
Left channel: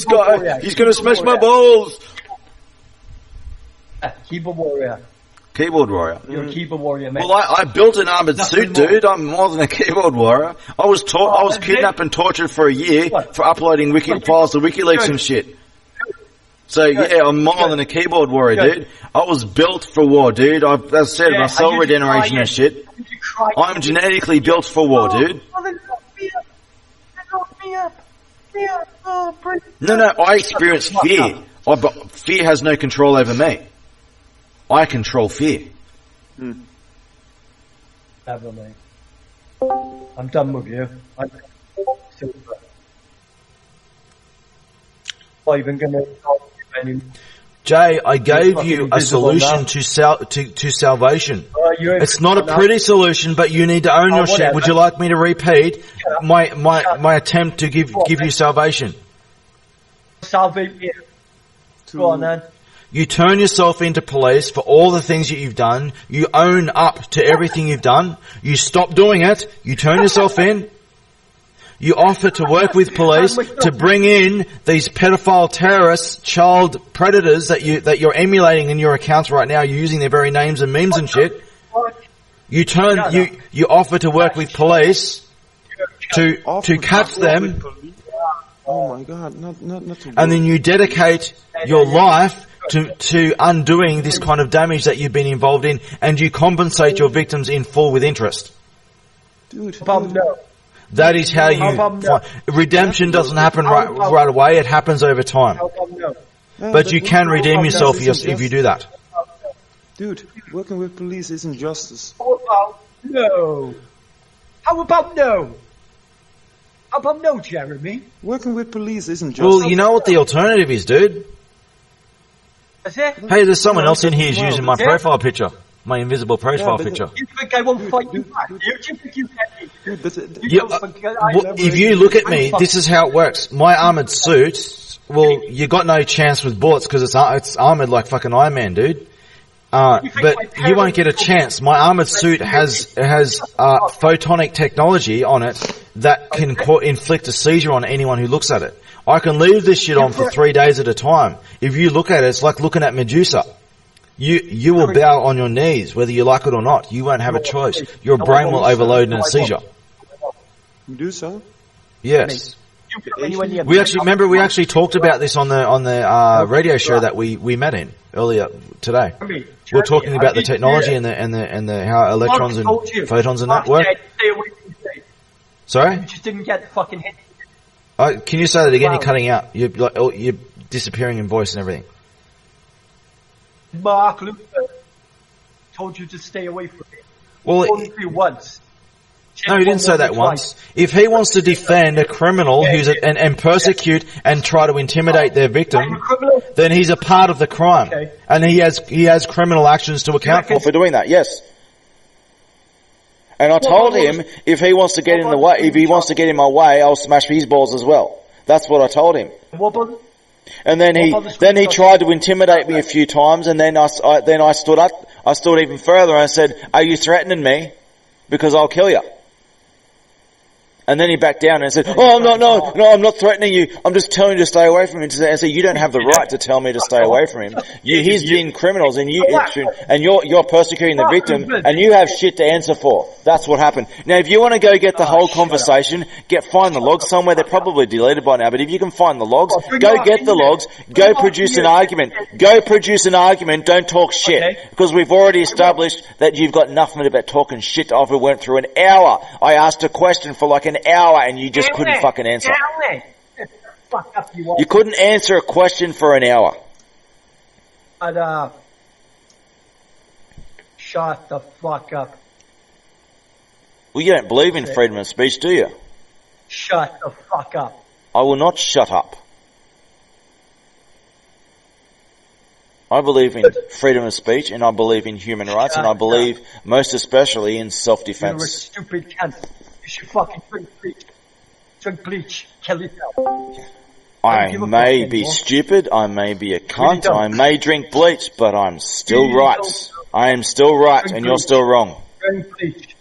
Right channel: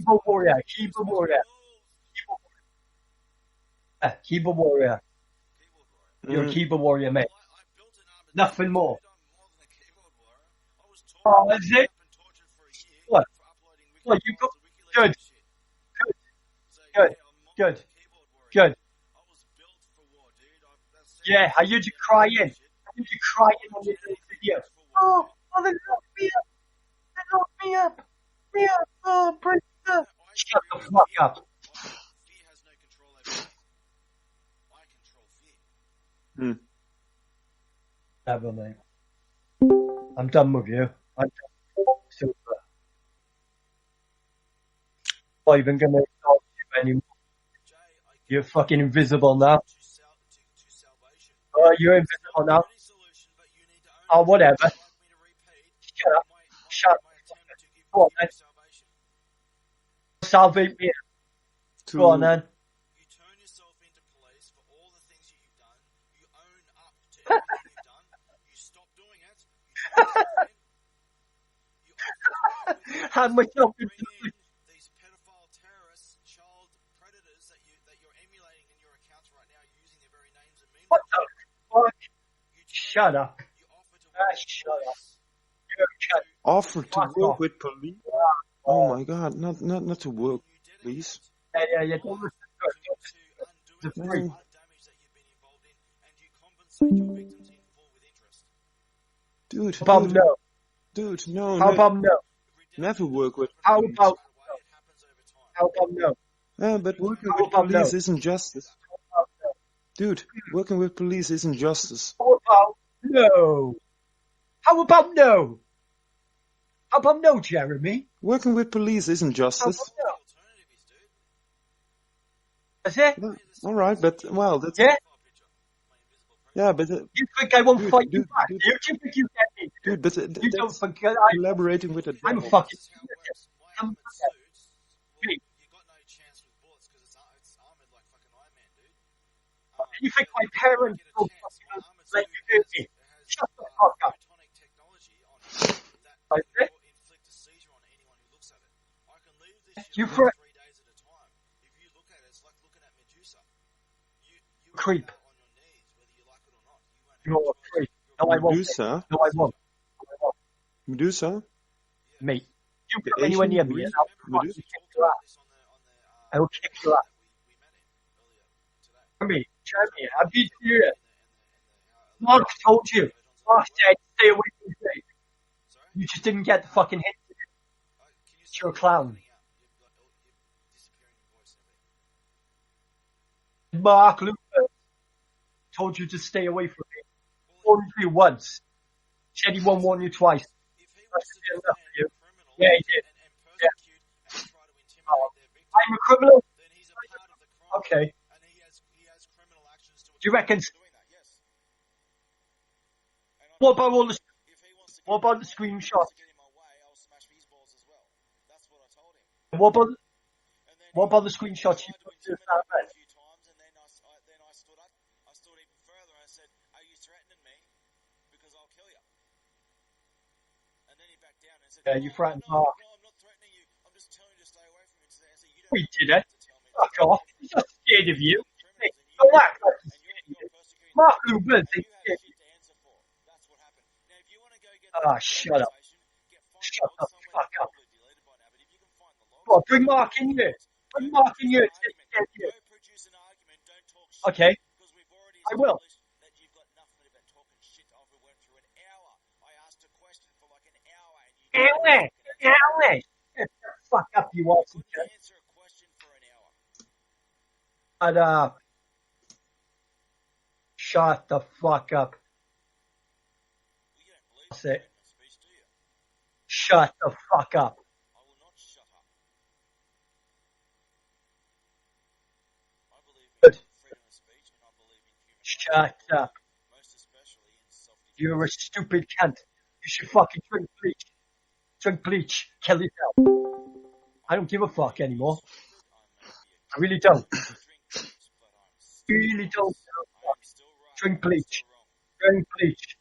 guy. He's going to smash my balls. Keyboard warrior. Keyboard warrior. You're a keyboard warrior, mate. Well, I built an armored Nothing suit, more. dude. I'm more than a keyboard warrior. I was kidnapped and tortured for a year for uploading wiki files to WikiLeaks and shit. So yeah, I'm more than a keyboard warrior, dude. I was built for war, dude. As I said, my cell regeneration and shit. I'm genetically built for war, dude. No, I experience fear. But fear has no control over me. I control fear. Never, mate. I'm done with you. I'm super. Not even going to talk to you anymore. Jay, I gave fucking you a invisible now. solution to salvation. You're It's not a invisible now. pretty solution, but you need to own your shit. whatever. Would you like me to repeat my attempt to give you salvation? Salvate me. Go on, then. You turn yourself into police for all the things that you've done. You own up to everything you've done. You stop doing it. You turn yourself in. You offer to work with police to bring in these pedophile terrorists, child predators that you're emulating in your accounts right now. You're using their very names and memes and shit. You offer to work with police to catch them. Oh my God, not to And then work. you dedicate your life to undoing this kind of damage that you've been involved in, and you compensate your victims in full with interest. Dude, No. That is how you... Redemption doesn't happen right away, it happens over time. How come no? Yeah, But you can redeem yourself if you do that. Dude, working with police isn't justice. How about no? How about no? How about no, Jeremy? Working with police isn't justice. Well, you know what the alternative is, dude? Is it? Hey, there's someone else in here who's Well, using my yeah. profile picture. My invisible profile but picture. You think I won't fight you dude, back? dude. Do you think you get me? Dude, but You don't forget I Well, if you look at me, this is how it works. My armored suit, well, you got no chance with bullets because it's armored like fucking Iron Man, dude. But you won't get a chance. My armored suit has photonic technology on it that can inflict a seizure on anyone who looks at it. I can leave this shit on for 3 days at a time. If you look at it, it's like looking at Medusa. You will bow on your knees, whether you like it or not. You won't have a choice. Your brain will overload in a seizure. Medusa? Yes. We actually talked about this on the radio show that we met in earlier today. We're talking about the technology and the how electrons and photons and that work. Sorry? You just didn't get the fucking hit. Can you say that again? You're cutting out. You're disappearing in voice and everything. Mark Luther told you to stay away from it. Well, only once. No, he didn't say that once. If he wants to defend a criminal and persecute and try to intimidate their victim, then he's a part of the crime, and he has criminal actions to account for doing that. Yes. And I told him if he wants to get in the way, if he wants to get in my way, I'll smash his balls as well. That's what I told him. And then he tried to intimidate me a few times, and then I stood up. I stood even further, and I said, "Are you threatening me? Because I'll kill you." And then he backed down and said, "Oh, no, I'm not threatening you. I'm just telling you to stay away from him." And so you don't have the right to tell me to stay away from him. He's being criminals, and you're persecuting the victim, and you have shit to answer for. That's what happened. Now, if you want to go get the whole conversation, find the logs somewhere. They're probably deleted by now, but if you can find the logs, go get the logs. Go produce an argument. Go produce an argument. Don't talk shit, because we've already established that you've got nothing about talking shit. We went through an hour. I asked a question for like an hour, and you just couldn't fucking answer. You couldn't answer a question for an hour. And, shut the fuck up. Well, you don't believe in freedom of speech, do you? Shut the fuck up. I will not shut up. I believe in freedom of speech, and I believe in human rights, and I believe most especially in self-defense. You're a stupid cunt. You should fucking drink bleach. Drink bleach. Kill yourself. I may be stupid, I may be a cunt, I may drink bleach, but I'm still right. I am still right, and you're still wrong. Drink bleach.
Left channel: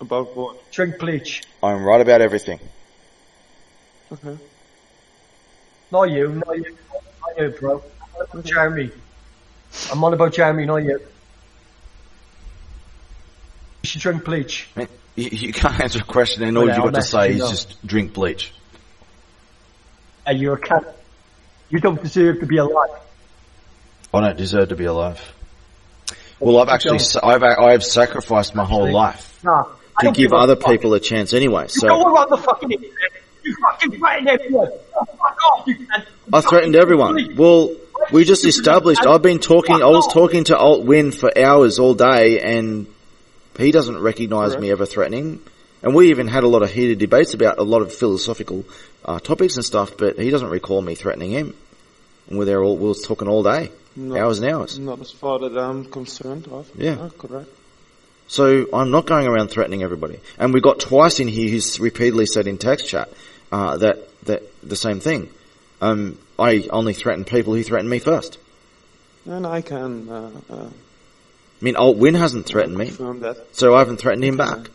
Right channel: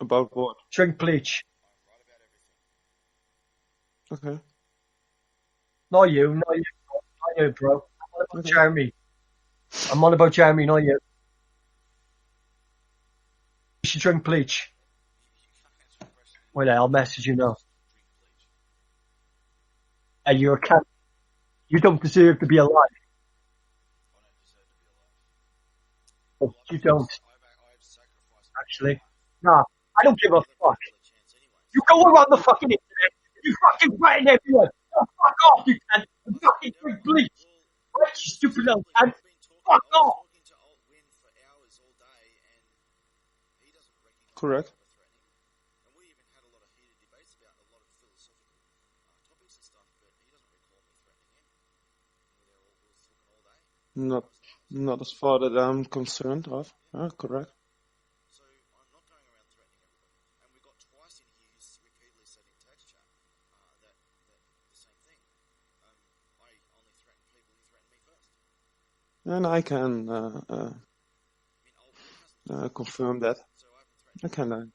About what? Drink bleach. I'm right about everything. Okay. Not you, bro. I'm on about Jeremy. I'm on about Jeremy, not you. You should drink bleach. You can't answer a question in order to say is just drink bleach. And you're a cunt. You don't deserve to be alive. I don't deserve to be alive. Well, I've sacrificed my whole life to give other people a chance anyway. You go around the fucking internet. You fucking threaten everyone. Fuck off, you cunt. I threatened everyone. Well, we just established. I was talking to Alt Win for hours all day, and he doesn't recognise me ever threatening. And we even had a lot of heated debates about a lot of philosophical topics and stuff, but he doesn't recall me threatening him. And we were talking all day, hours and hours. Not as far that I'm concerned of. Yeah. Correct. So I'm not going around threatening everybody. And we got twice in here who's repeatedly said in text chat that the same thing. I only threaten people who threaten me first. And I can... I mean, Alt Win hasn't threatened me, that. So I haven't threatened him back.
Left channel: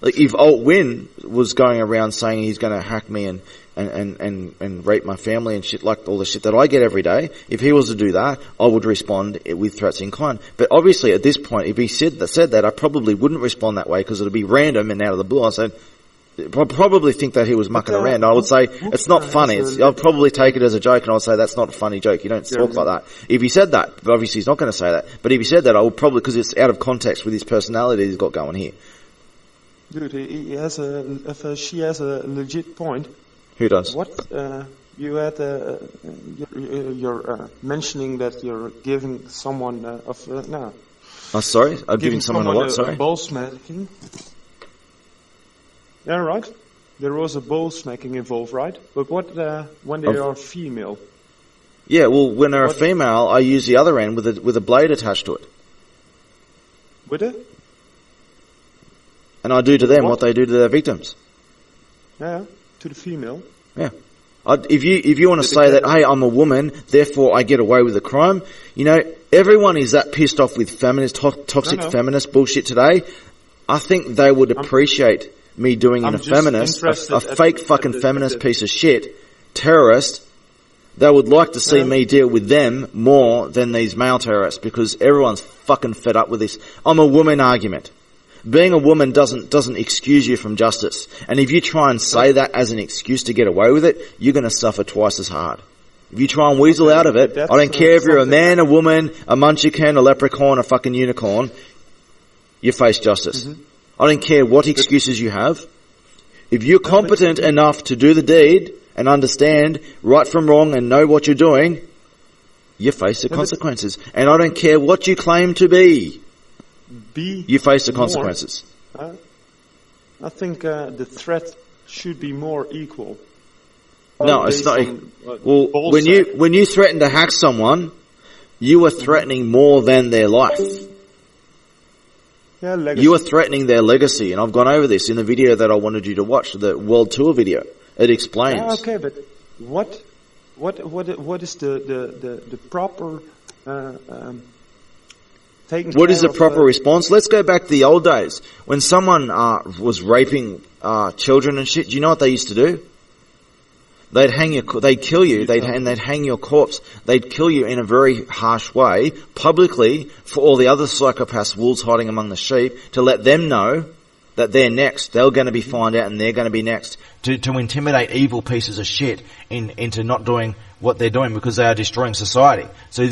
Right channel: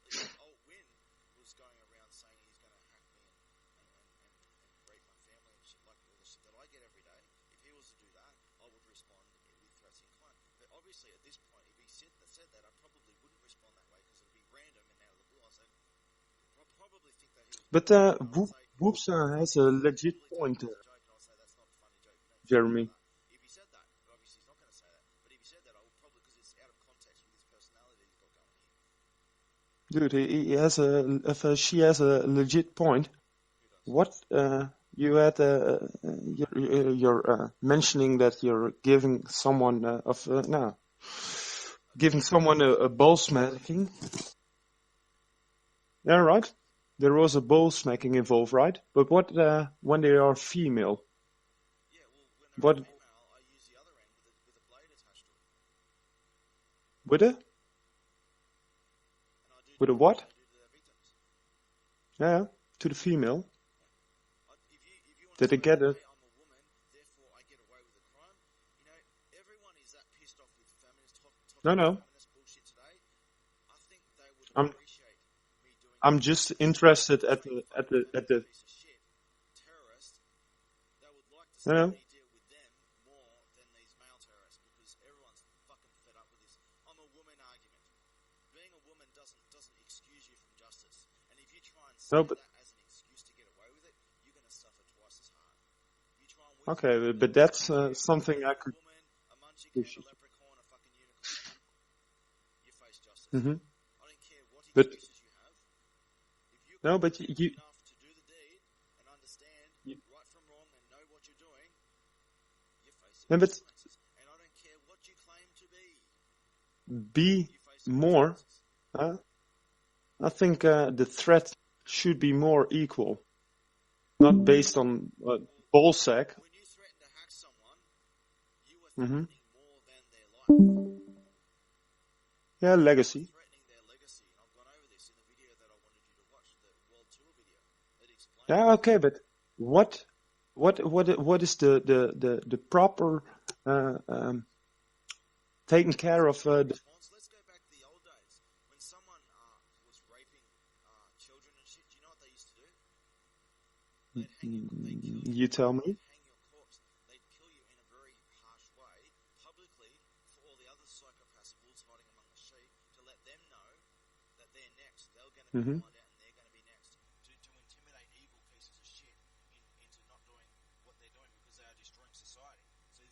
Like, if Alt Win was going around saying he's going to hack me and rape my family and shit, like all the shit that I get every day, if he was to do that, I would respond with threats in kind. But obviously, at this point, if he said that, I probably wouldn't respond that way because it would be random and out of the blue. I said, I probably think that he was mucking around. I would say it's not funny. I'll probably take it as a joke, and I'll say that's not a funny joke. You don't talk like that. If he said that, but obviously he's not going to say that. But if he said that, I would probably, because it's out of context with his personality he's got going here. Dude, he has she has a legit point. Who does? What you had you're mentioning that you're giving someone sorry, I'm giving someone a ball smacking. Yeah, right. There was a ball smacking involved, right? But what when they are female? Yeah, well, when they're a female, I use the other end with a blade attached to it. With it? And I do to them what they do to their victims. Yeah, to the female. Yeah. If you want to say that, hey, I'm a woman, therefore I get away with the crime, you know, everyone is that pissed off with feminist, toxic feminist bullshit today. I think they would appreciate me doing a feminist, a fake fucking feminist piece of shit, terrorist. They would like to see me deal with them more than these male terrorists, because everyone's fucking fed up with this I'm a woman argument. Being a woman doesn't excuse you from justice. And if you try and say that as an excuse to get away with it, you're going to suffer twice as hard. If you try and weasel out of it, I don't care if you're a man, a woman, a munchkin, a leprechaun, a fucking unicorn, you face justice. Mm-hmm. I don't care what excuses you have. If you're competent enough to do the deed and understand right from wrong and know what you're doing, you face the consequences. And I don't care what you claim to be. You face the consequences. I think the threat should be more equal. No, it's not. Well, when you threaten to hack someone, you are threatening more than their life. Yeah, legacy. You are threatening their legacy, and I've gone over this in the video that I wanted you to watch, the World Tour video. It explains. Yeah, okay, but what is the proper taking what care is the of, proper response? Let's go back to the old days when someone was raping children and shit. Do you know what they used to do? They'd kill you, they'd hang your corpse. They'd kill you in a very harsh way, publicly, for all the other psychopaths, wolves hiding among the sheep, to let them know that they're next. They're going to be found out and they're going to be next. To intimidate evil pieces of shit into not doing what they're doing, because they are destroying society. So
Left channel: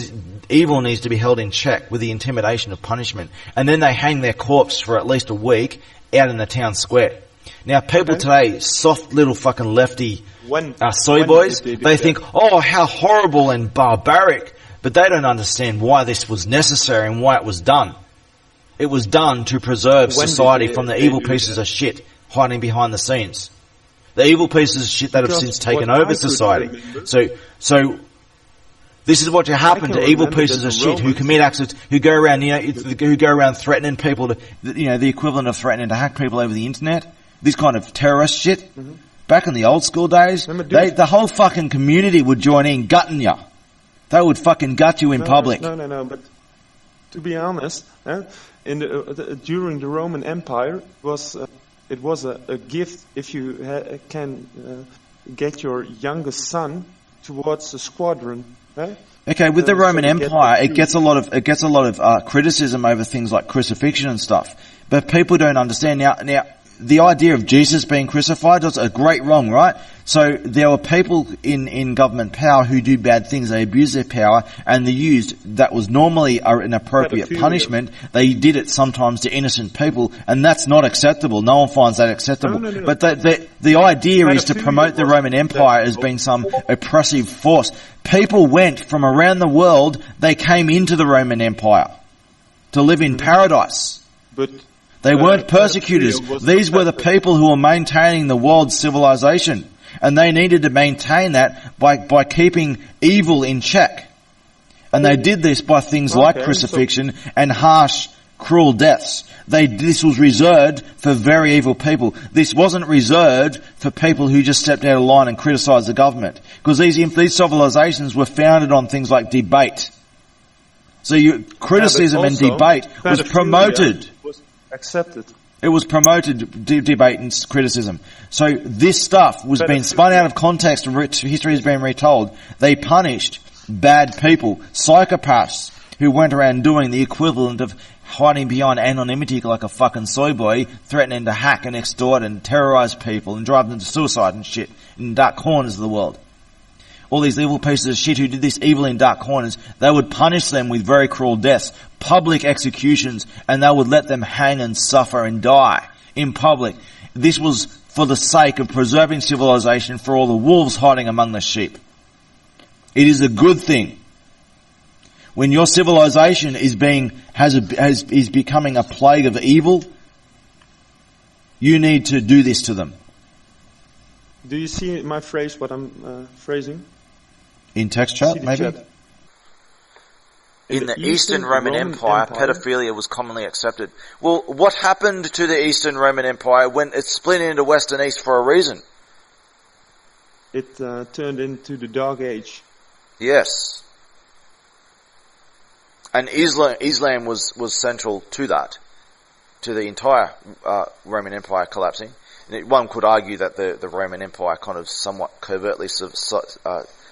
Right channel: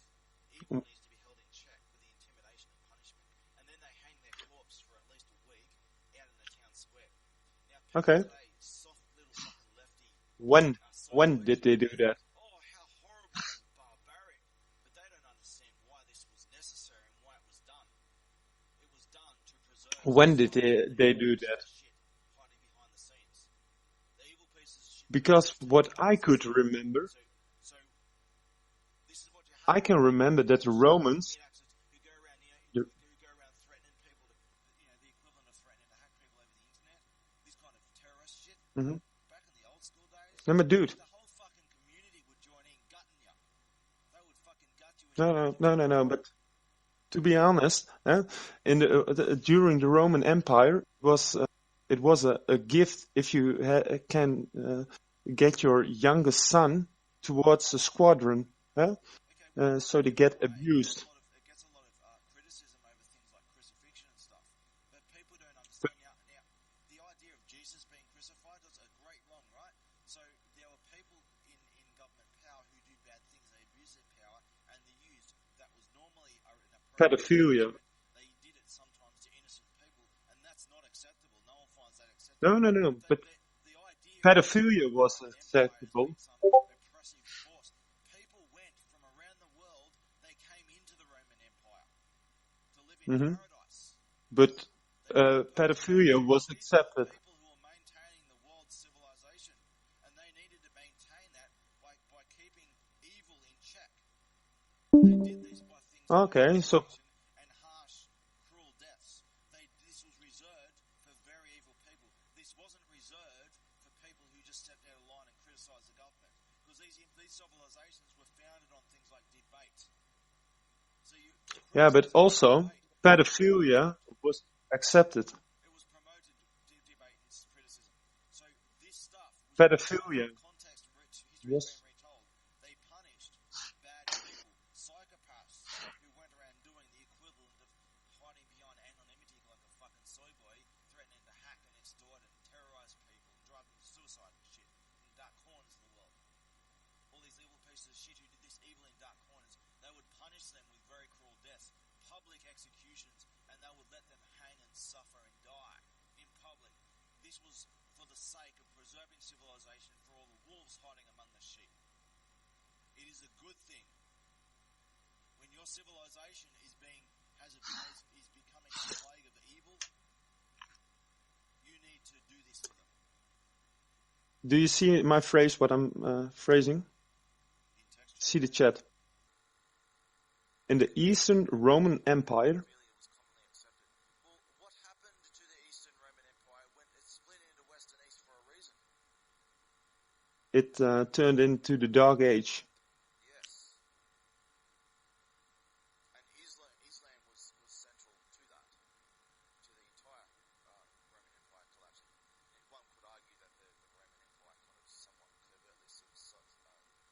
evil needs to be held in check with the intimidation of punishment. And then they hang their corpse for at least a week out in the town square. Now, people today, soft little fucking lefty soy boys, they think, oh, how horrible and barbaric. But they don't understand why this was necessary and why it was done. It was done to preserve society from the evil pieces of shit hiding behind the scenes. The evil pieces of shit that have since taken over society. So this is what happen to evil pieces of shit who commit acts, who go around, who go around threatening people to, the equivalent of threatening to hack people over the internet. This kind of terrorist shit. Mm-hmm. Back in the old school days, the whole fucking community would join in gutting you. They would fucking gut you in public. No. But to be honest, during the Roman Empire, it was a gift if you can get your youngest son towards the squadron. Okay, with the Roman Empire, it gets a lot of criticism over things like crucifixion and stuff. But people don't understand now. The idea of Jesus being crucified was a great wrong, right? So there were people in government power who do bad things. They abuse their power, and they used that was normally an appropriate punishment. They did it sometimes to innocent people, and that's not acceptable. No one finds that acceptable. No. But the idea is to promote the Roman Empire as being some oppressive force. People went from around the world. They came into the Roman Empire to live in paradise. But they weren't persecutors. These were the people who were maintaining the world's civilization. And they needed to maintain that by keeping evil in check. And they did this by things like crucifixion and harsh, cruel deaths. This was reserved for very evil people. This wasn't reserved for people who just stepped out of line and criticised the government. Because these civilizations were founded on things like debate. So criticism and debate was promoted. Accepted. It was promoted, debate and criticism. So this stuff was being spun out of context and history has been retold. They punished bad people, psychopaths who went around doing the equivalent of hiding behind anonymity like a fucking soy boy, threatening to hack and extort and terrorize people and drive them to suicide and shit in dark corners of the world. All these evil pieces of shit who did this evil in dark corners, they would punish them with very cruel deaths, public executions, and they would let them hang and suffer and die in public. This was for the sake of preserving civilization for all the wolves hiding among the sheep. It is a good thing. When your civilization is is becoming a plague of evil, you need to do this to them. Do you see my phrase, what I'm phrasing? In text chat, See the maybe? chat. In the Eastern Roman Empire, pedophilia was commonly accepted. Well, what happened to the Eastern Roman Empire when it split into West and East for a reason? It turned into the Dark Age. Yes. And Islam was central to that, to the entire Roman Empire collapsing. And one could argue that the Roman Empire kind of somewhat covertly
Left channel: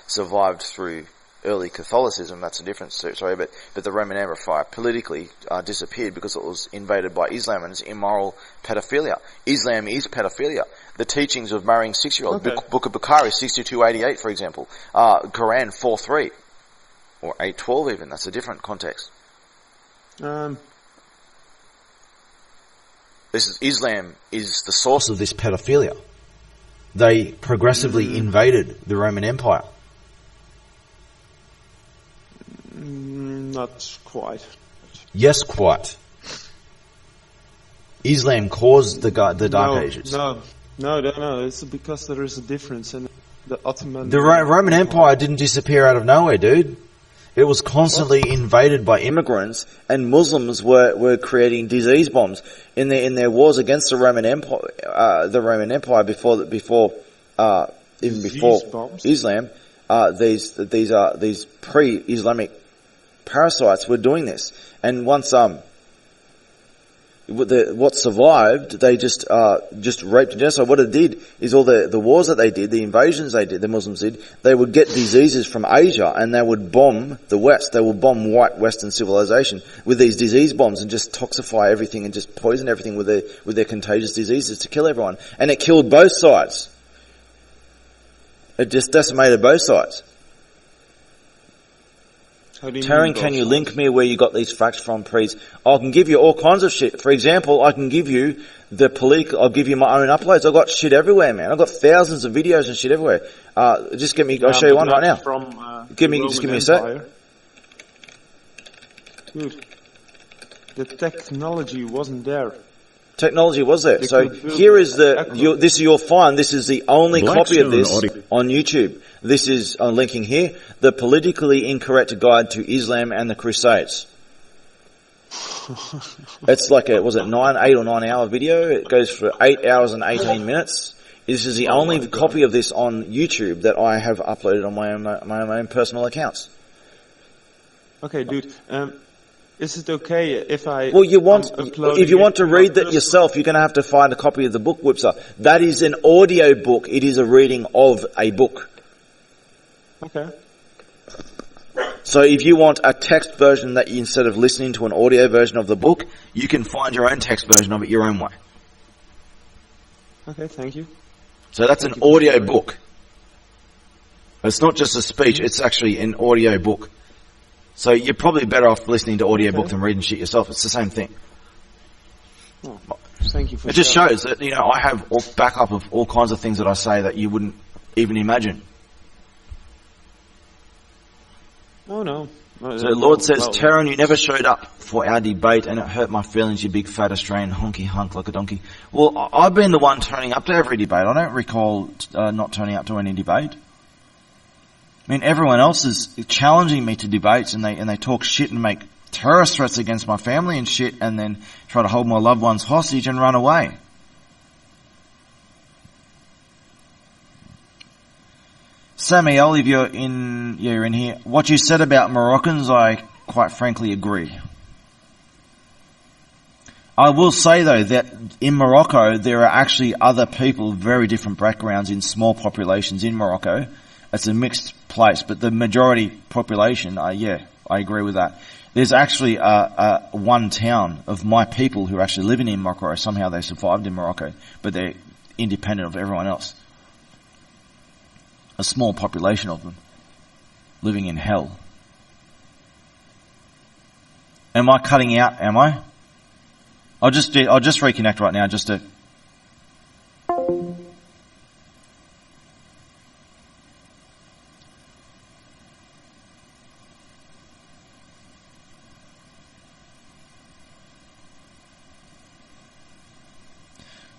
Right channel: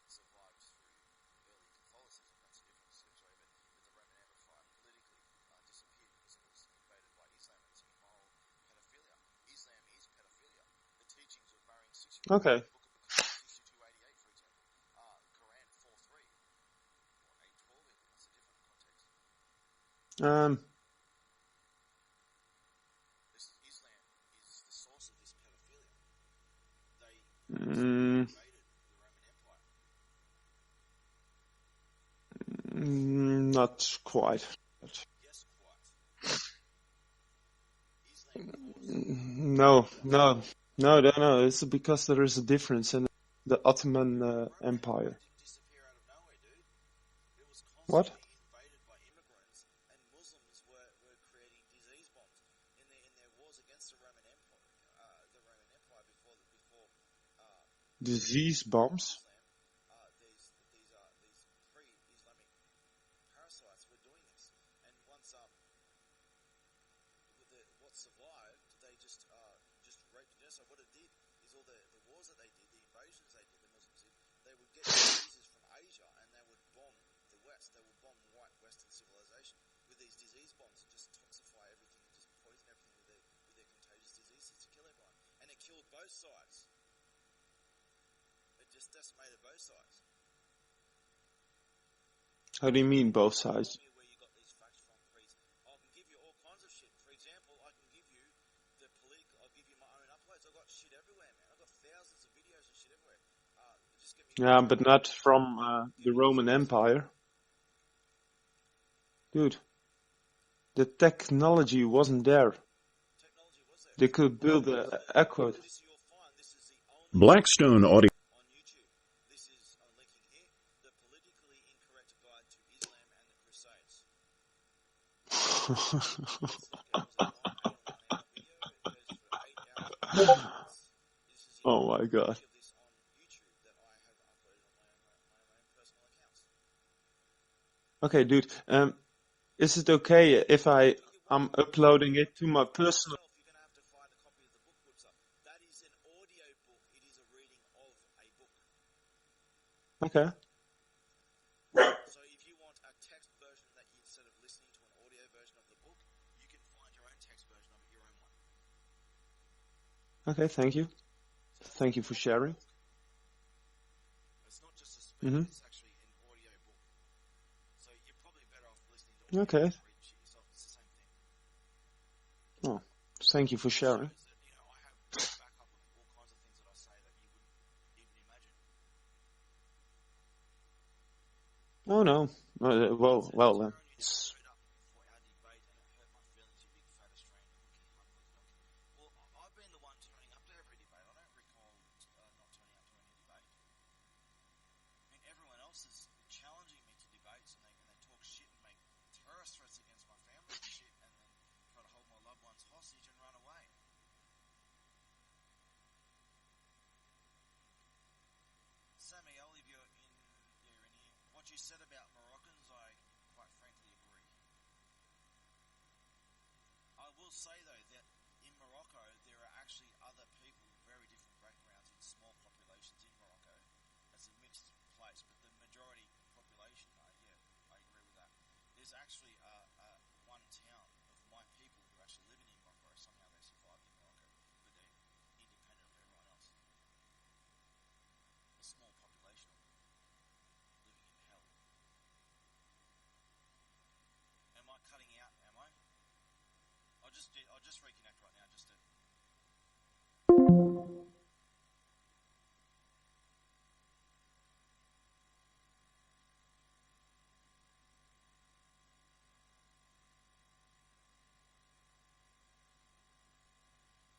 survived through early Catholicism. That's a different story, but the Roman Empire politically disappeared because it was invaded by Islam and its immoral pedophilia. Islam is pedophilia. The teachings of marrying 6-year-olds, Okay. Book of Bukhari 6288, for example, Quran 4:3 or 8:12 even. That's a different context. Islam is the source of this pedophilia. They progressively invaded the Roman Empire. Not quite. Yes, quite. Islam caused the Dark Ages. No. It's because there is a difference in the Ottoman. The Roman Empire didn't disappear out of nowhere, dude. It was constantly invaded by immigrants, and Muslims were creating disease bombs in their wars against the Roman Empire before bombs? Islam. These pre-Islamic parasites were doing this, and once what survived, they just raped and genocide. What it did is all the wars that they did, the invasions they did, the Muslims did, they would get diseases from Asia and they would bomb the West. They would bomb white Western civilization with these disease bombs and just toxify everything and just poison everything with their contagious diseases to kill everyone. And it killed both sides. It just decimated both sides. How do you Taryn, mean both can you sides? link me where you got these facts from, please? I can give you all kinds of shit. For example, I can give you I'll give you my own uploads. I've got shit everywhere, man. I've got thousands of videos and shit everywhere. Just get me, I'll show you one right now. From Give the me Roman a sec. Empire. Dude, the technology wasn't there. Technology was there. They So could build here is Echo. you'll find this is the only copy of Blackstone this audio. on YouTube. This is linking here, the politically incorrect guide to Islam and the Crusades. It's like 8 or 9 hour video. It goes for 8 hours and 18 minutes. This is the only my God. copy of this on YouTube that I have uploaded on my own personal accounts. Okay, dude. Is it okay if I? Well, if you want to my read that personal- yourself, you're going to have to find a copy of the book, Whipser. That is an audio book. It is a reading of a book. Okay. So if you want a text version that instead of listening to an audio version of the book, you can find your own text version of it your own way. Okay, thank you. So that's Thank an you for audio sharing. book. It's not just a speech, it's actually an audio book. So you're probably better off listening to audio book than reading shit yourself. It's the same thing. Oh, thank you for It just sharing. shows that, I have backup of all kinds of things that I say that you wouldn't even imagine. Oh, no. So the Lord says, Taron, you never showed up for our debate and it hurt my feelings, you big fat Australian honky hunk like a donkey. Well, I've been the one turning up to every debate. I don't recall not turning up to any debate. I mean, everyone else is challenging me to debates and they talk shit and make terrorist threats against my family and shit and then try to hold my loved ones hostage and run away. Samuel, if you're in here. What you said about Moroccans, I quite frankly agree. I will say though that in Morocco there are actually other people, very different backgrounds in small populations in Morocco. It's a mixed place, but the majority population, I agree with that. There's actually one town of my people who are actually living in Morocco. Somehow they survived in Morocco, but they're independent of everyone else. A small population of them living in hell. Am I cutting out? Am I? I'll just reconnect right now. Just to.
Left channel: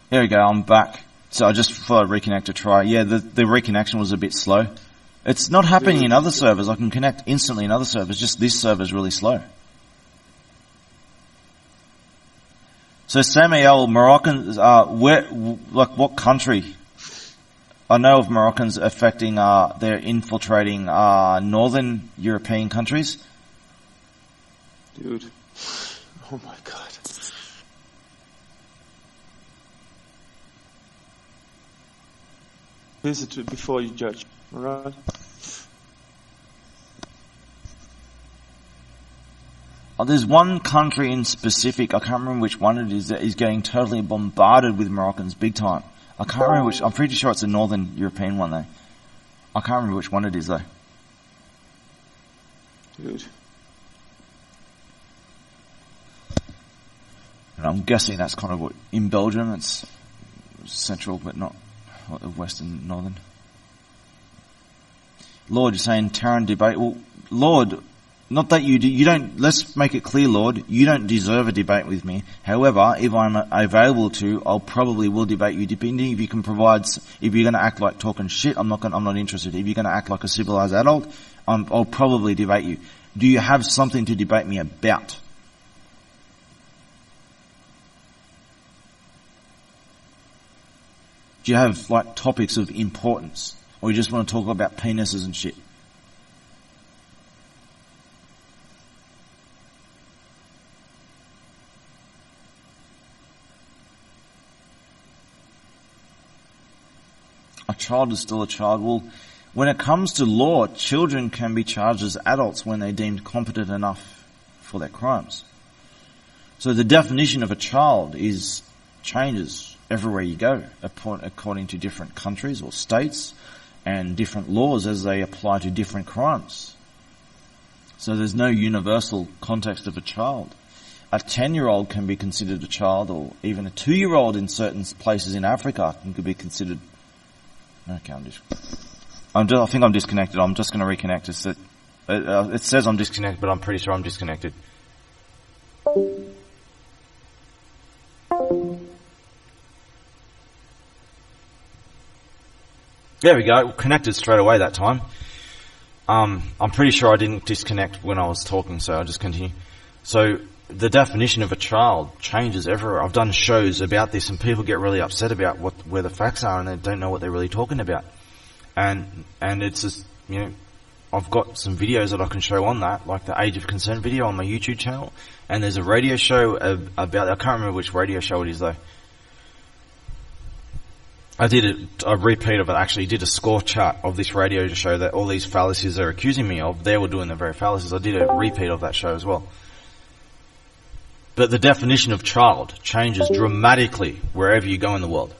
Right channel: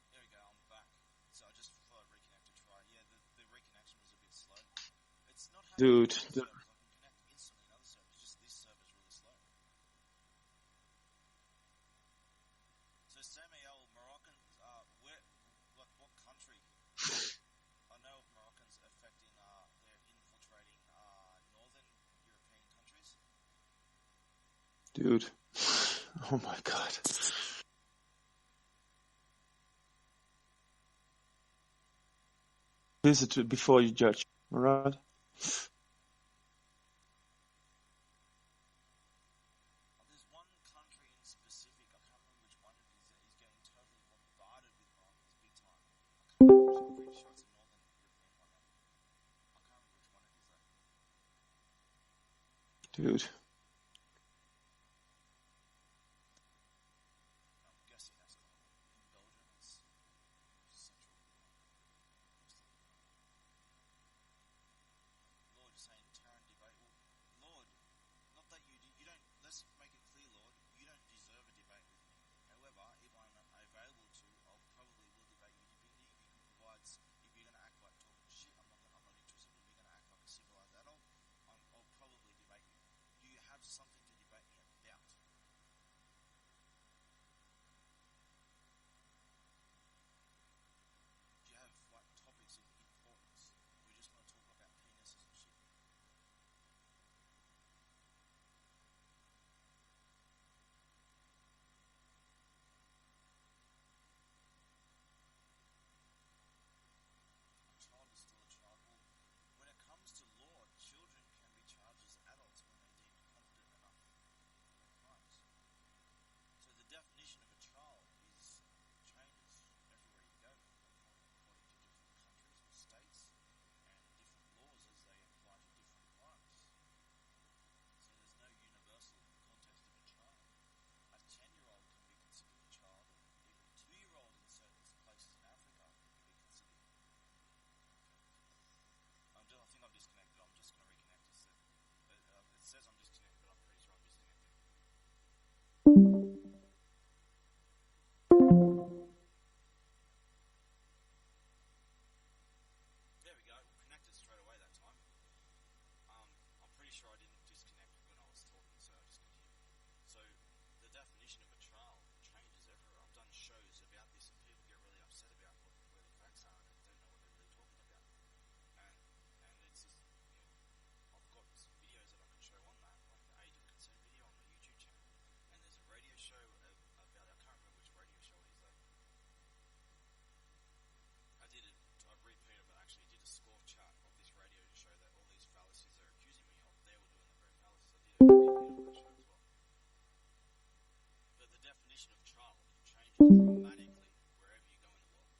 There we go, I'm back. So I just thought I'd reconnect to try. Yeah, the reconnection was a bit slow. It's not happening in other servers. I can connect instantly in other servers, just this server is really slow. So Samuel, Moroccans, what country? I know of Moroccans affecting, they're infiltrating, northern European countries. Dude. Oh my god. Visit it before you judge, alright? Oh, there's one country in specific, I can't remember which one it is, that is getting totally bombarded with Moroccans big time. I can't remember which, I'm pretty sure it's a northern European one though. I can't remember which one it is though. Dude. And I'm guessing that's kind of what, in Belgium, it's central but not western, northern. Lord, you're saying Terran debate. Well, Lord, not that you don't, let's make it clear, Lord, you don't deserve a debate with me. However, if I'm available to, I'll probably will debate you, depending if you can provide, if you're going to act like talking shit, I'm not interested. If you're going to act like a civilized adult, I'll probably debate you. Do you have something to debate me about? Do you have, like, topics of importance? Or you just want to talk about penises and shit? A child is still a child. Well, when it comes to law, children can be charged as adults when they're deemed competent enough for their crimes. So the definition of a child changes everywhere you go, according to different countries or states and different laws as they apply to different crimes. So there's no universal context of a child. A 10-year-old can be considered a child, or even a 2-year-old in certain places in Africa could be considered. Okay, I think I'm disconnected. I'm just going to reconnect. It says I'm disconnected, but I'm pretty sure I'm disconnected. There we go. Connected straight away that time. I'm pretty sure I didn't disconnect when I was talking, so I'll just continue. So the definition of a child changes everywhere. I've done shows about this, and people get really upset about where the facts are, and they don't know what they're really talking about. And it's just, I've got some videos that I can show on that, like the Age of Consent video on my YouTube channel, and there's a radio show about. I can't remember which radio show it is though. I did a repeat of it, actually. Did a score chart of this radio to show that all these fallacies they're accusing me of, they were doing the very fallacies. I did a repeat of that show as well. But the definition of child changes dramatically wherever you go in the world.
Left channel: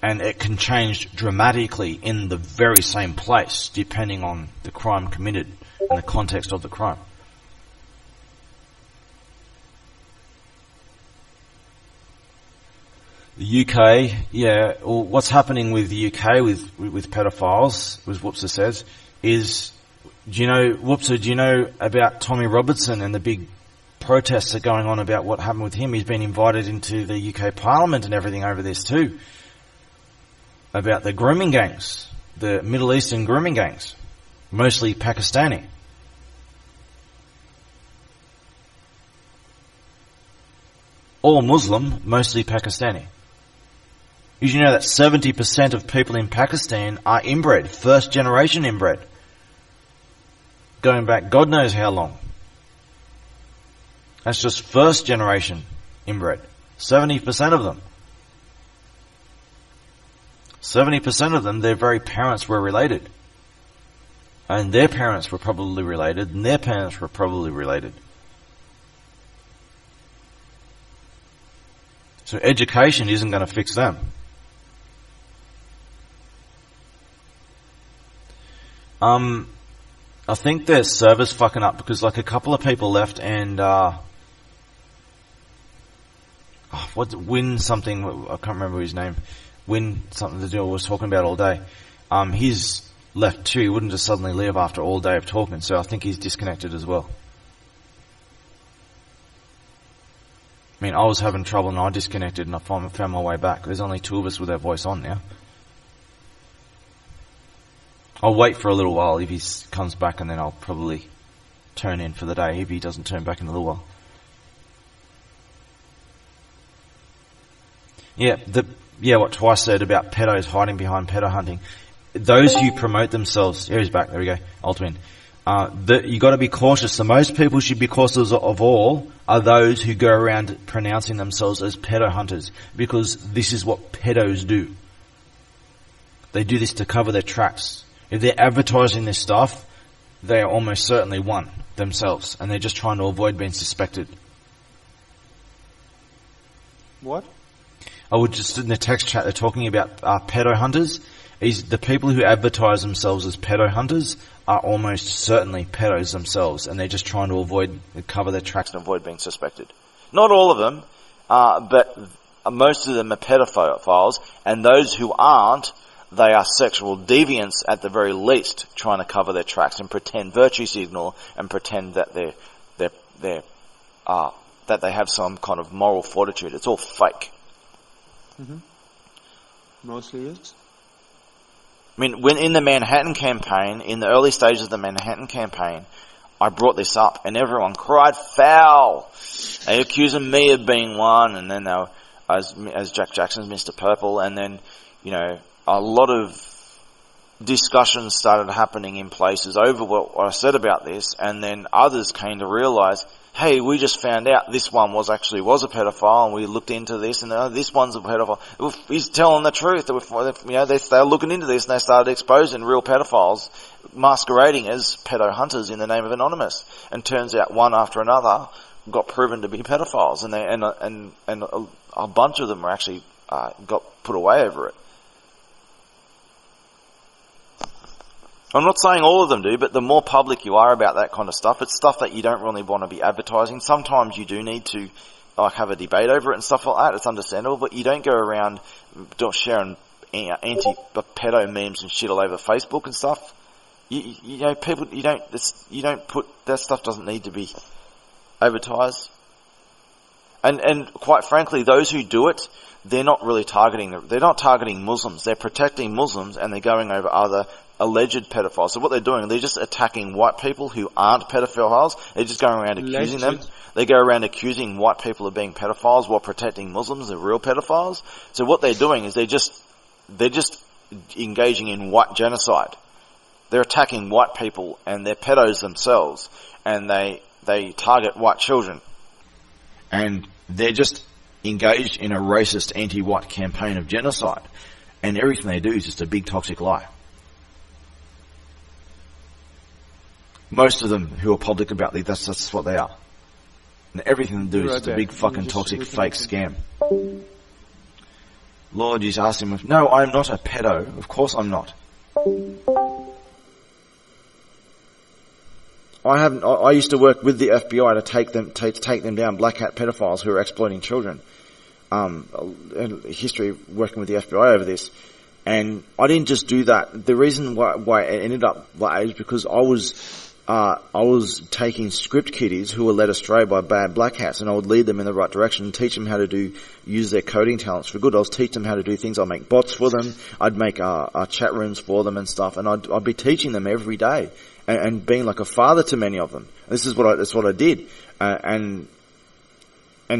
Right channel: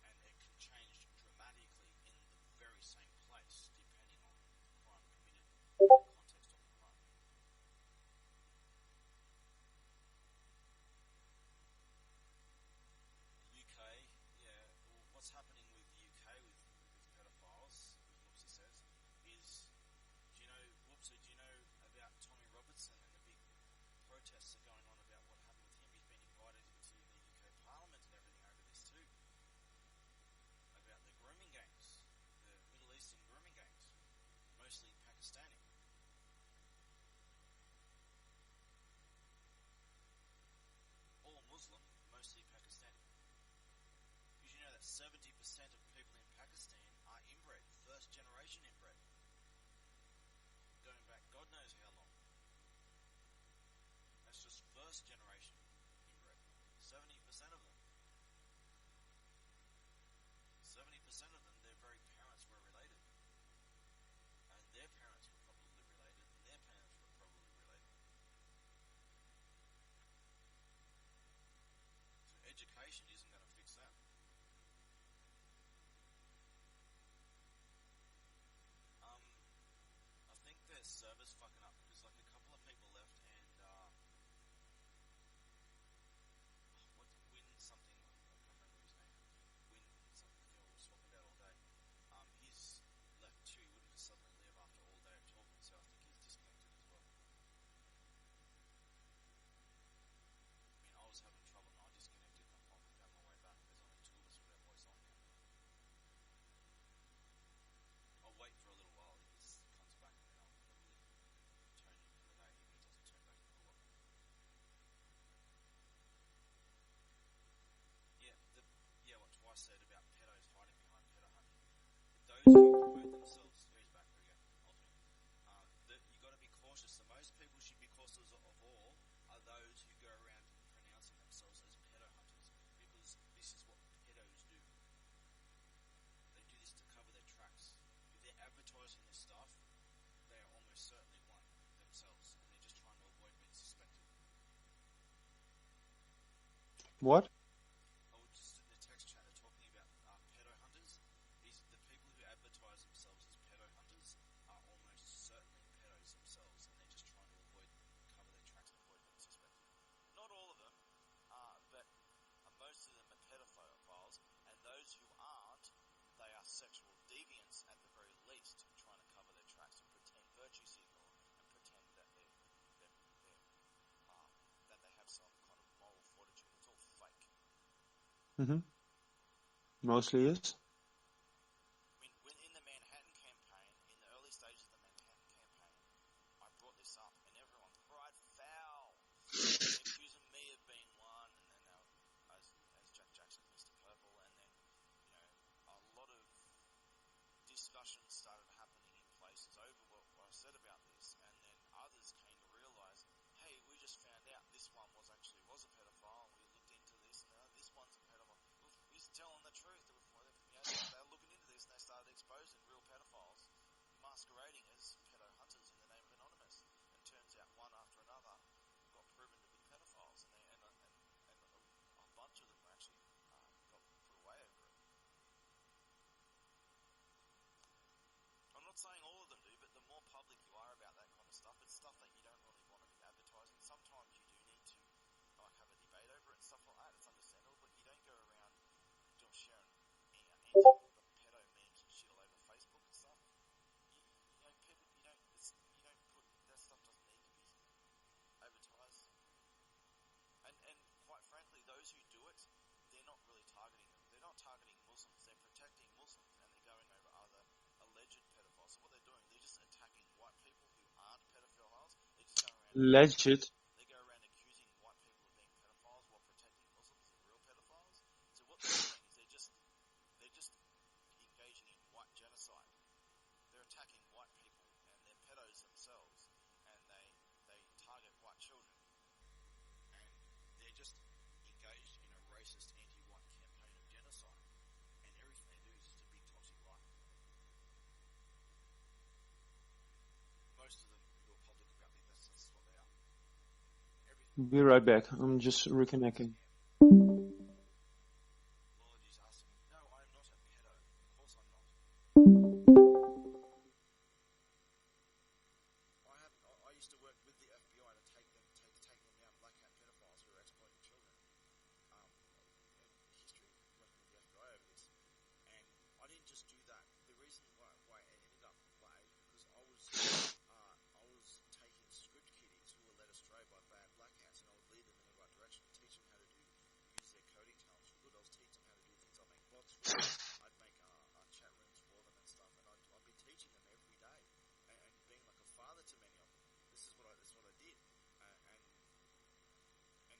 And it can change dramatically in the very same place, depending on the crime committed and the context of the crime. The UK, yeah, well, what's happening with the UK with pedophiles, as Whoopser says, is, Whoopser, do you know about Tommy Robertson and the big protests that are going on about what happened with him? He's been invited into the UK Parliament and everything over this too. About the grooming gangs, the Middle Eastern grooming gangs, mostly Pakistani. All Muslim, mostly Pakistani. Did you know that 70% of people in Pakistan are inbred, first generation inbred? Going back God knows how long. That's just first generation inbred. 70% of them. 70% of them, their very parents were related. And their parents were probably related, and their parents were probably related. So education isn't going to fix them. I think their server's fucking up because like a couple of people left and Win something, I can't remember his name. Win something the deal was talking about all day. He's left too. He wouldn't just suddenly leave after all day of talking, so I think he's disconnected as well. I mean, I was having trouble and I disconnected and I found my way back. There's only two of us with our voice on now. I'll wait for a little while if he comes back and then I'll probably turn in for the day if he doesn't turn back in a little while. What Twice said about pedos hiding behind pedo hunting. Those who promote themselves, here he's back, there we go, Ultimate. You got to be cautious. The most people should be cautious of all are those who go around pronouncing themselves as pedo hunters, because this is what pedos do. They do this to cover their tracks. If they're advertising this stuff, they are almost certainly one themselves, and they're just trying to avoid being suspected. What? I would just in the text chat they're talking about pedo hunters. Is the people who advertise themselves as pedo hunters are almost certainly pedos themselves, and they're just trying to cover their tracks and avoid being suspected. Not all of them, but most of them are pedophiles, and those who aren't, they are sexual deviants at the very least, trying to cover their tracks and pretend virtue signal and pretend that that they have some kind of moral fortitude. It's all fake. Mm-hmm. Mostly is. I mean, when in the Manhattan campaign, in the early stages of the Manhattan campaign, I brought this up and everyone cried foul. They accusing me of being one, and then they were, as Jack Jackson's Mr. Purple, and then, a lot of discussions started happening in places over what I said about this, and then others came to realise, hey, we just found out this one was a pedophile, and we looked into this, and this one's a pedophile. He's telling the truth. They were looking into this, and they started exposing real pedophiles masquerading as pedo hunters in the name of Anonymous. And turns out one after another got proven to be pedophiles, and a bunch of them were actually got put away over it. I'm not saying all of them do, but the more public you are about that kind of stuff, it's stuff that you don't really want to be advertising. Sometimes you do need to have a debate over it and stuff like that. It's understandable, but you don't go around sharing anti-pedo memes and shit all over Facebook and stuff. You don't put that stuff doesn't need to be advertised. And quite frankly, those who do it, they're not really they're not targeting Muslims. They're protecting Muslims, and they're going over other alleged pedophiles. So what they're doing, they're just attacking white people who aren't pedophiles. They're just going around accusing them. They go around accusing white people of being pedophiles while protecting Muslims of real pedophiles. So what they're doing is they're just engaging in white genocide. They're attacking white people, and they're pedos themselves, and they target white children. And they're just engaged in a racist anti-white campaign of genocide. And everything they do is just a big toxic lie. Most of them who are public about it, that's what they are. And everything they do is just a big fucking toxic fake scam. Lord, you just asked him, no, I'm not a pedo. Of course I'm not. I used to work with the FBI to take them down, black hat pedophiles who are exploiting children. History of working with the FBI over this. And I didn't just do that. The reason why it ended up that is because I was taking script kiddies who were led astray by bad black hats, and I would lead them in the right direction and teach them how to use their coding talents for good. I was teaching them how to do things. I'd make bots for them. I'd make chat rooms for them and stuff, and I'd be teaching them every day and being like a father to many of them. That's what I did. And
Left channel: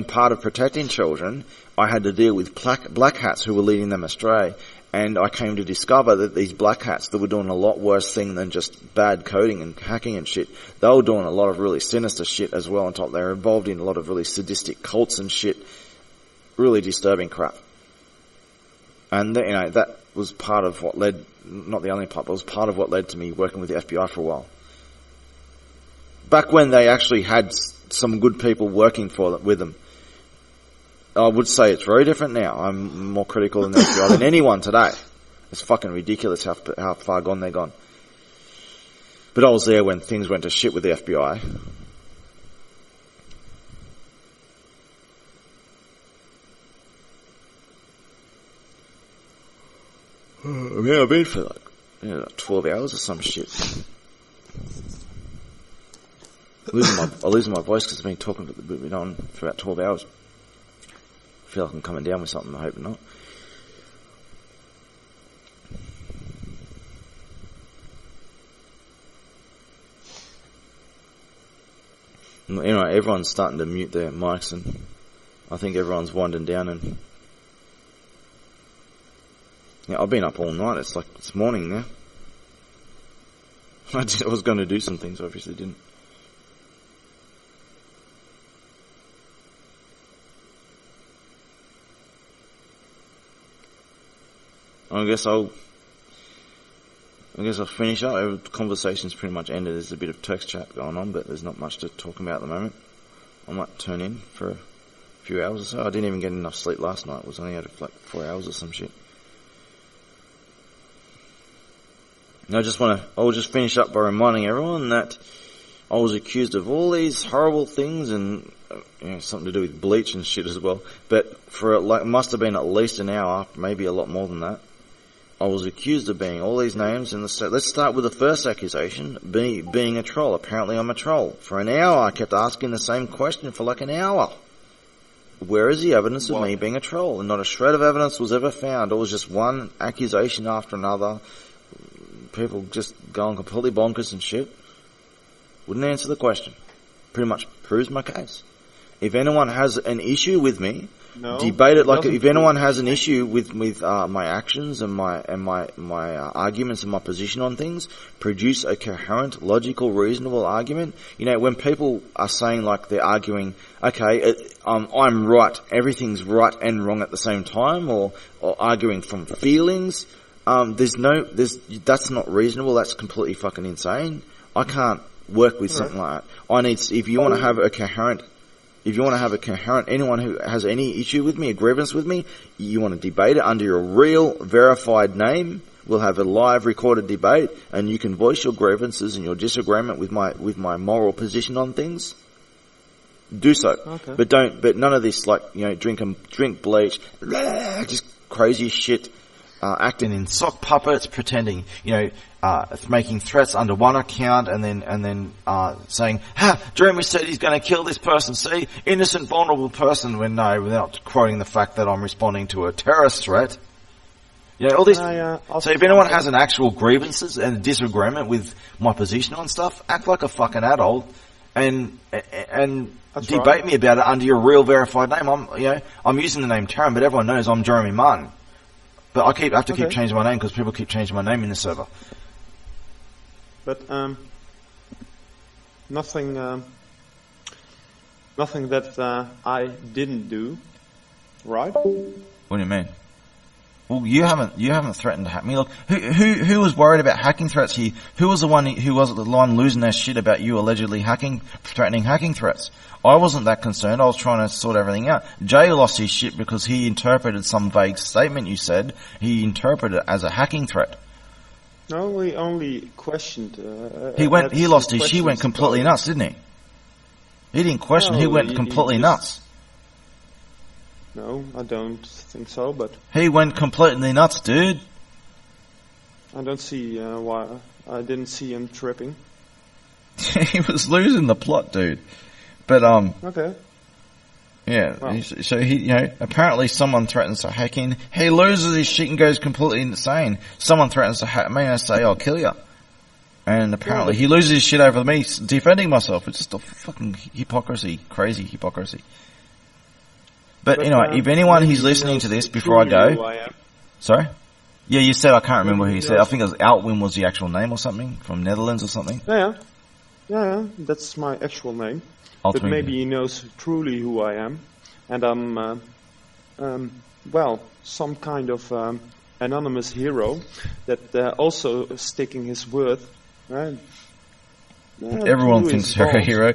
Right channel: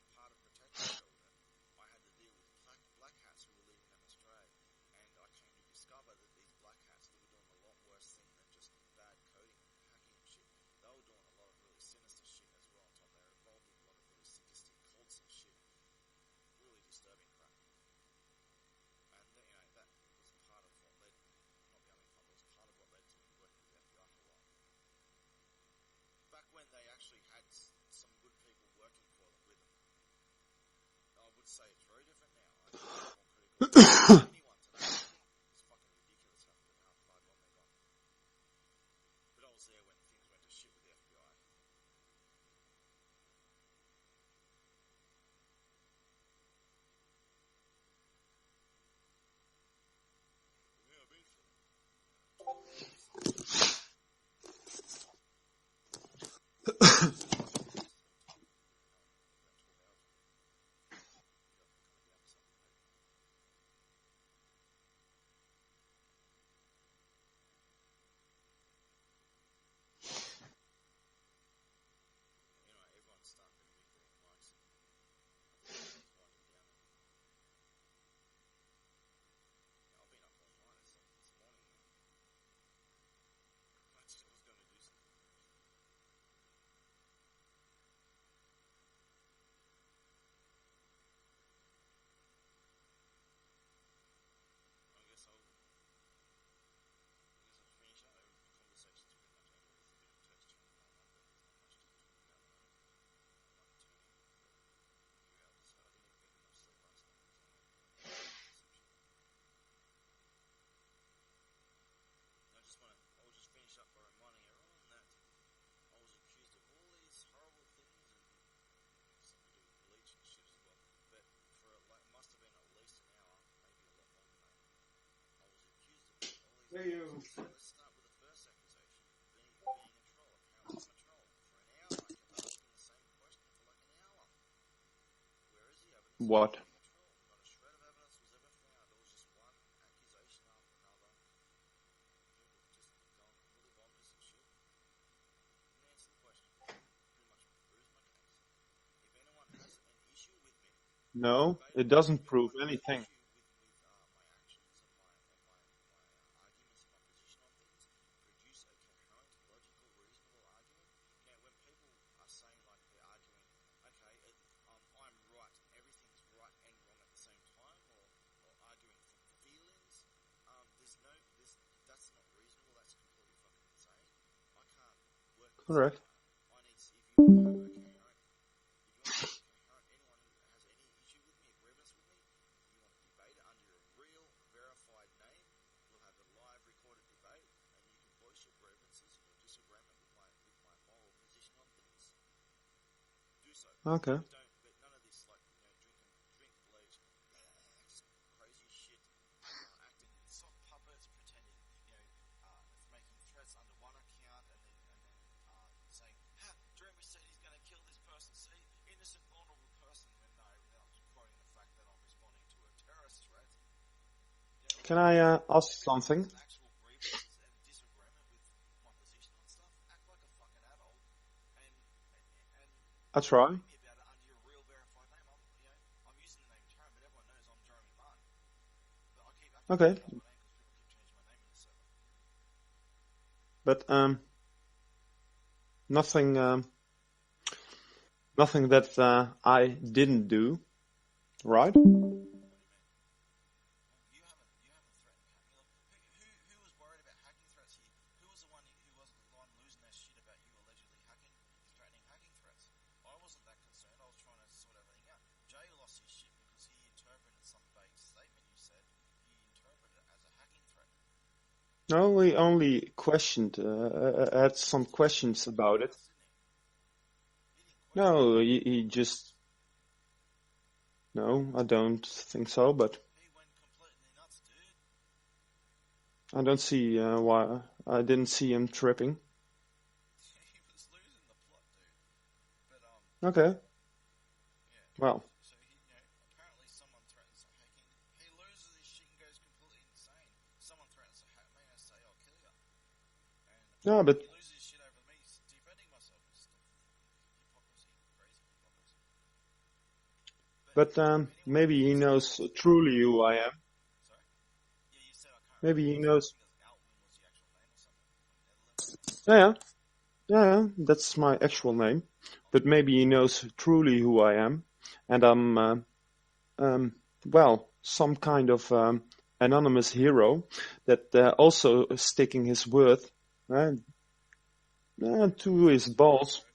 part of protecting children, I had to deal with black hats who were leading them astray. And I came to discover that these black hats that were doing a lot worse thing than just bad coding and hacking and shit, they were doing a lot of really sinister shit as well on top. They were involved in a lot of really sadistic cults and shit. Really disturbing crap. And that was part of what led not the only part, but it was part of what led to me working with the FBI for a while. Back when they actually had some good people working with them. I would say it's very different now. I'm more critical in the FBI than anyone today. It's fucking ridiculous how far gone they're gone. But I was there when things went to shit with the FBI. I mean, I've been for like 12 hours or some shit. I'm losing my voice because I've been talking on for about 12 hours. I feel like I'm coming down with something. I hope not. Anyway, everyone's starting to mute their mics, and I think everyone's winding down. And yeah, I've been up all night. It's like it's morning now. I was going to do some things, obviously didn't. I guess I'll finish up. The conversation's pretty much ended. There's a bit of text chat going on, but there's not much to talk about at the moment. I might turn in for a few hours or so. I didn't even get enough sleep last night. I was only out of like 4 hours or some shit. And I'll just finish up by reminding everyone that I was accused of all these horrible things and something to do with bleach and shit as well. But for it must have been at least an hour, maybe a lot more than that. I was accused of being all these names in the state. Let's start with the first accusation, being a troll. Apparently I'm a troll. For an hour I kept asking the same question for like an hour. Where is the evidence of me being a troll? And not a shred of evidence was ever found. It was just one accusation after another. People just going completely bonkers and shit. Wouldn't answer the question. Pretty much proves my case. If anyone has an issue with me, debate it. Like if anyone has an issue with my actions and my arguments and my position on things, produce a coherent, logical, reasonable argument. When people are saying like they're arguing, okay, I'm right, everything's right and wrong at the same time, or arguing from feelings. That's not reasonable. That's completely fucking insane. I can't work with something like that. If you want to have a coherent, anyone who has any issue with me, a grievance with me, you want to debate it under your real verified name. We'll have a live recorded debate, and you can voice your grievances and your disagreement with my moral position on things. Do so. Okay. But none of this drink bleach, just crazy shit. Acting in sock puppets, pretending, making threats under one account, and then saying, Jeremy said he's going to kill this person. See, innocent, vulnerable person. When no, without quoting the fact that I'm responding to a terrorist threat. All this. So if anyone has an actual grievances and disagreement with my position on stuff, act like a fucking adult, and debate me about it under your real verified name. I'm using the name Taran, but everyone knows I'm Jeremy Martin. But I have to keep changing my name because people keep changing my name in the server. But nothing that I didn't do, right? What do you mean? Well, you haven't threatened to hack me. Look, who was worried about hacking threats here? Who was the one losing their shit about you allegedly threatening hacking threats? I wasn't that concerned. I was trying to sort everything out. Jay lost his shit because he interpreted some vague statement you said. He interpreted it as a hacking threat. No, we only questioned. He lost his shit. He went completely nuts, didn't he? He didn't question. He went completely nuts. No, I don't think so. But he went completely nuts, dude. I don't see why. I didn't see him tripping. He was losing the plot, dude. But okay. Yeah. Well. So he, apparently someone threatens to hack in. He loses his shit and goes completely insane. Someone threatens to hack me and I say, "I'll kill you." And apparently he loses his shit over me defending myself. It's just a fucking hypocrisy, crazy hypocrisy. But anyway, if anyone who's listening to this before I go, who I am. Sorry. Yeah, you said I can't remember who you said. I think it was Altwin was the actual name or something from Netherlands or something. Yeah, that's my actual name. But maybe he knows truly who I am, and I'm, some kind of anonymous hero that also sticking his word. Right? Everyone thinks you're a hero,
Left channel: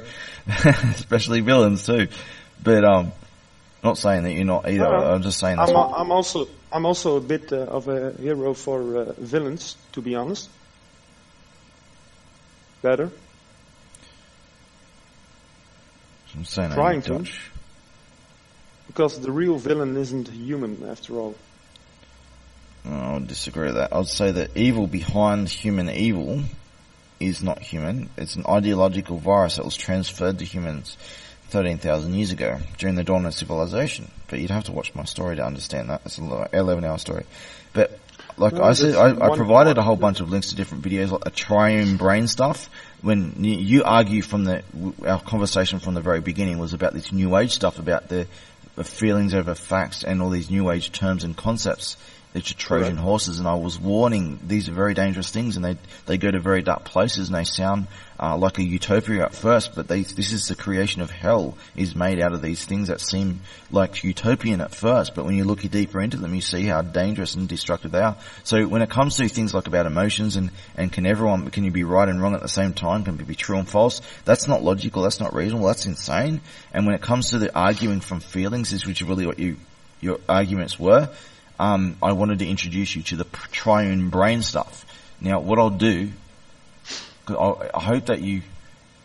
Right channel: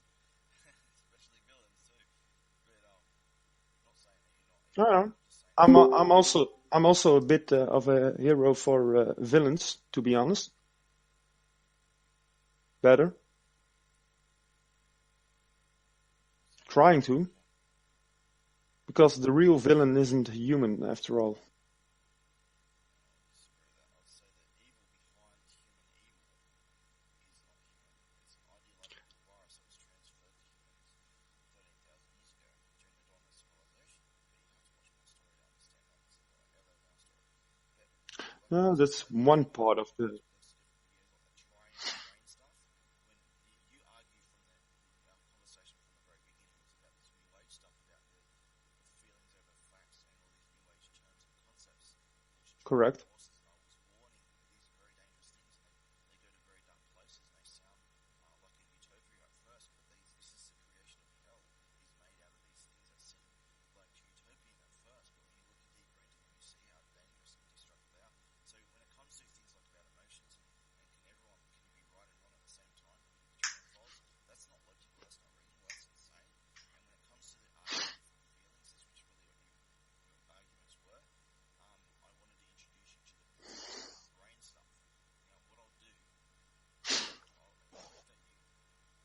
especially villains too. But not saying that you're not either. No, I'm just saying I'm also a bit of a hero for villains, to be honest. Better. I'm saying trying to. Because the real villain isn't human, after all. I would disagree with that. I would say that evil behind human evil is not human. It's an ideological virus that was transferred to humans 13,000 years ago during the dawn of civilization. But you'd have to watch my story to understand that. It's an 11-hour story. But like I said, I provided a whole bunch of links to different videos, like the triune brain stuff. When you argue from our conversation from the very beginning was about this New Age stuff, about the feelings over facts and all these New Age terms and concepts. They're Trojan horses, and I was warning these are very dangerous things, and they go to very dark places, and they sound like a utopia at first, but this is the creation of hell is made out of these things that seem like utopian at first, but when you look deeper into them, you see how dangerous and destructive they are. So when it comes to things like about emotions and can you be right and wrong at the same time, can be true and false, that's not logical, that's not reasonable, that's insane. And when it comes to the arguing from feelings, which is really what your arguments were, I wanted to introduce you to the triune brain stuff. Now, what I'll do, cause I hope that you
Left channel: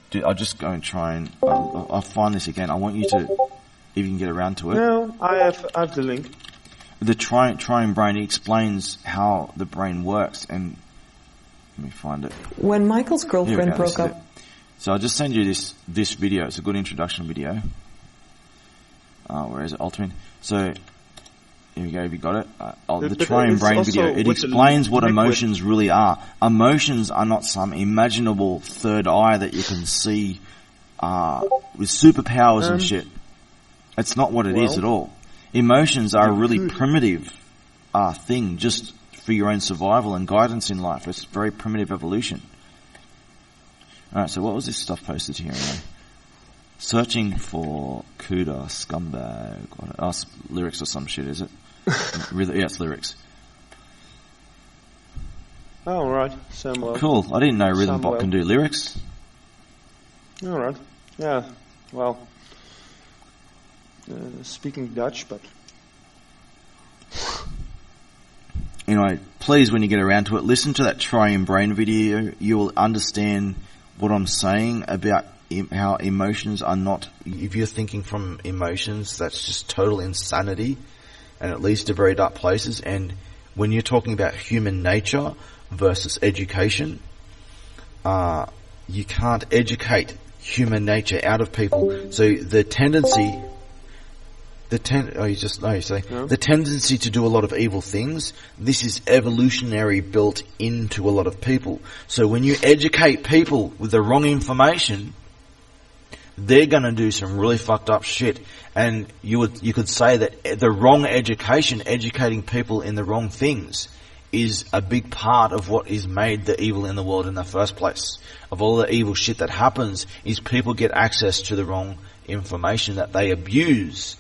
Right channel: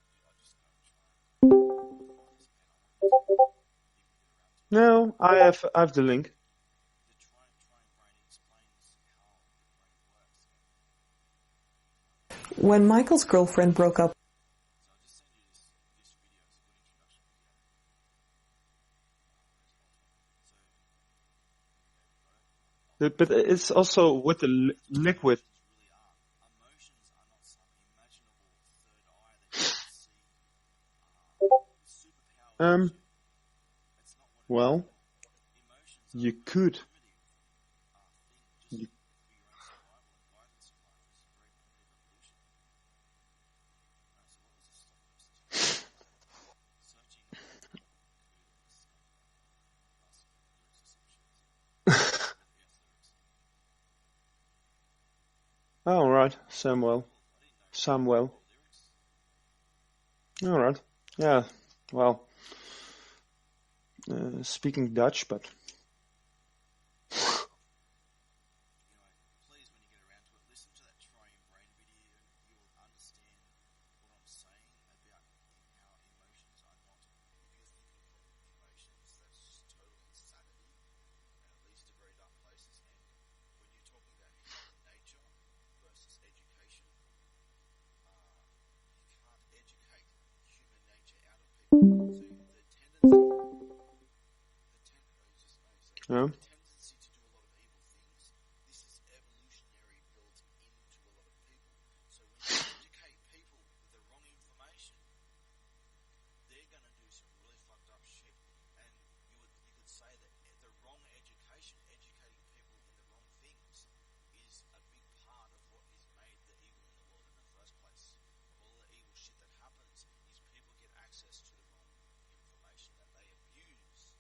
do, I'll just go and try and, I'll find this again. I want you to, if you can get around to it. No, I have the link. The triune brain explains how the brain works, and let me find it. When Michael's girlfriend broke up. So I'll just send you this video. It's a good introduction video. Where is it? Ultimate. So, here we go, have you got it? The triune brain video. It explains what emotions really are. Emotions are not some imaginable third eye that you can see with superpowers and shit. It's not what it is at all. Emotions are a really primitive thing just for your own survival and guidance in life. It's very primitive evolution. Alright, so what was this stuff posted here? Searching for Cuda scumbag. Lyrics or some shit, is it? Yeah, it's lyrics. Oh, right. Samuel. Cool. I didn't know Rhythmbot can do lyrics. All right. Yeah. Well, speaking Dutch, but... Anyway, please, when you get around to it, listen to that Triune Brain video. You will understand what I'm saying about how emotions are not... If you're thinking from emotions, that's just total insanity. And it leads to very dark places. And when you're talking about human nature versus education, you can't educate human nature out of people. So the tendency to do a lot of evil things, this is evolutionary built into a lot of people. So when you educate people with the wrong information, they're going to do some really fucked up shit. And you could say that the wrong education, educating people in the wrong things, is a big part of what is made the evil in the world in the first place. Of all the evil shit that happens, is people get access to the wrong information that they abuse.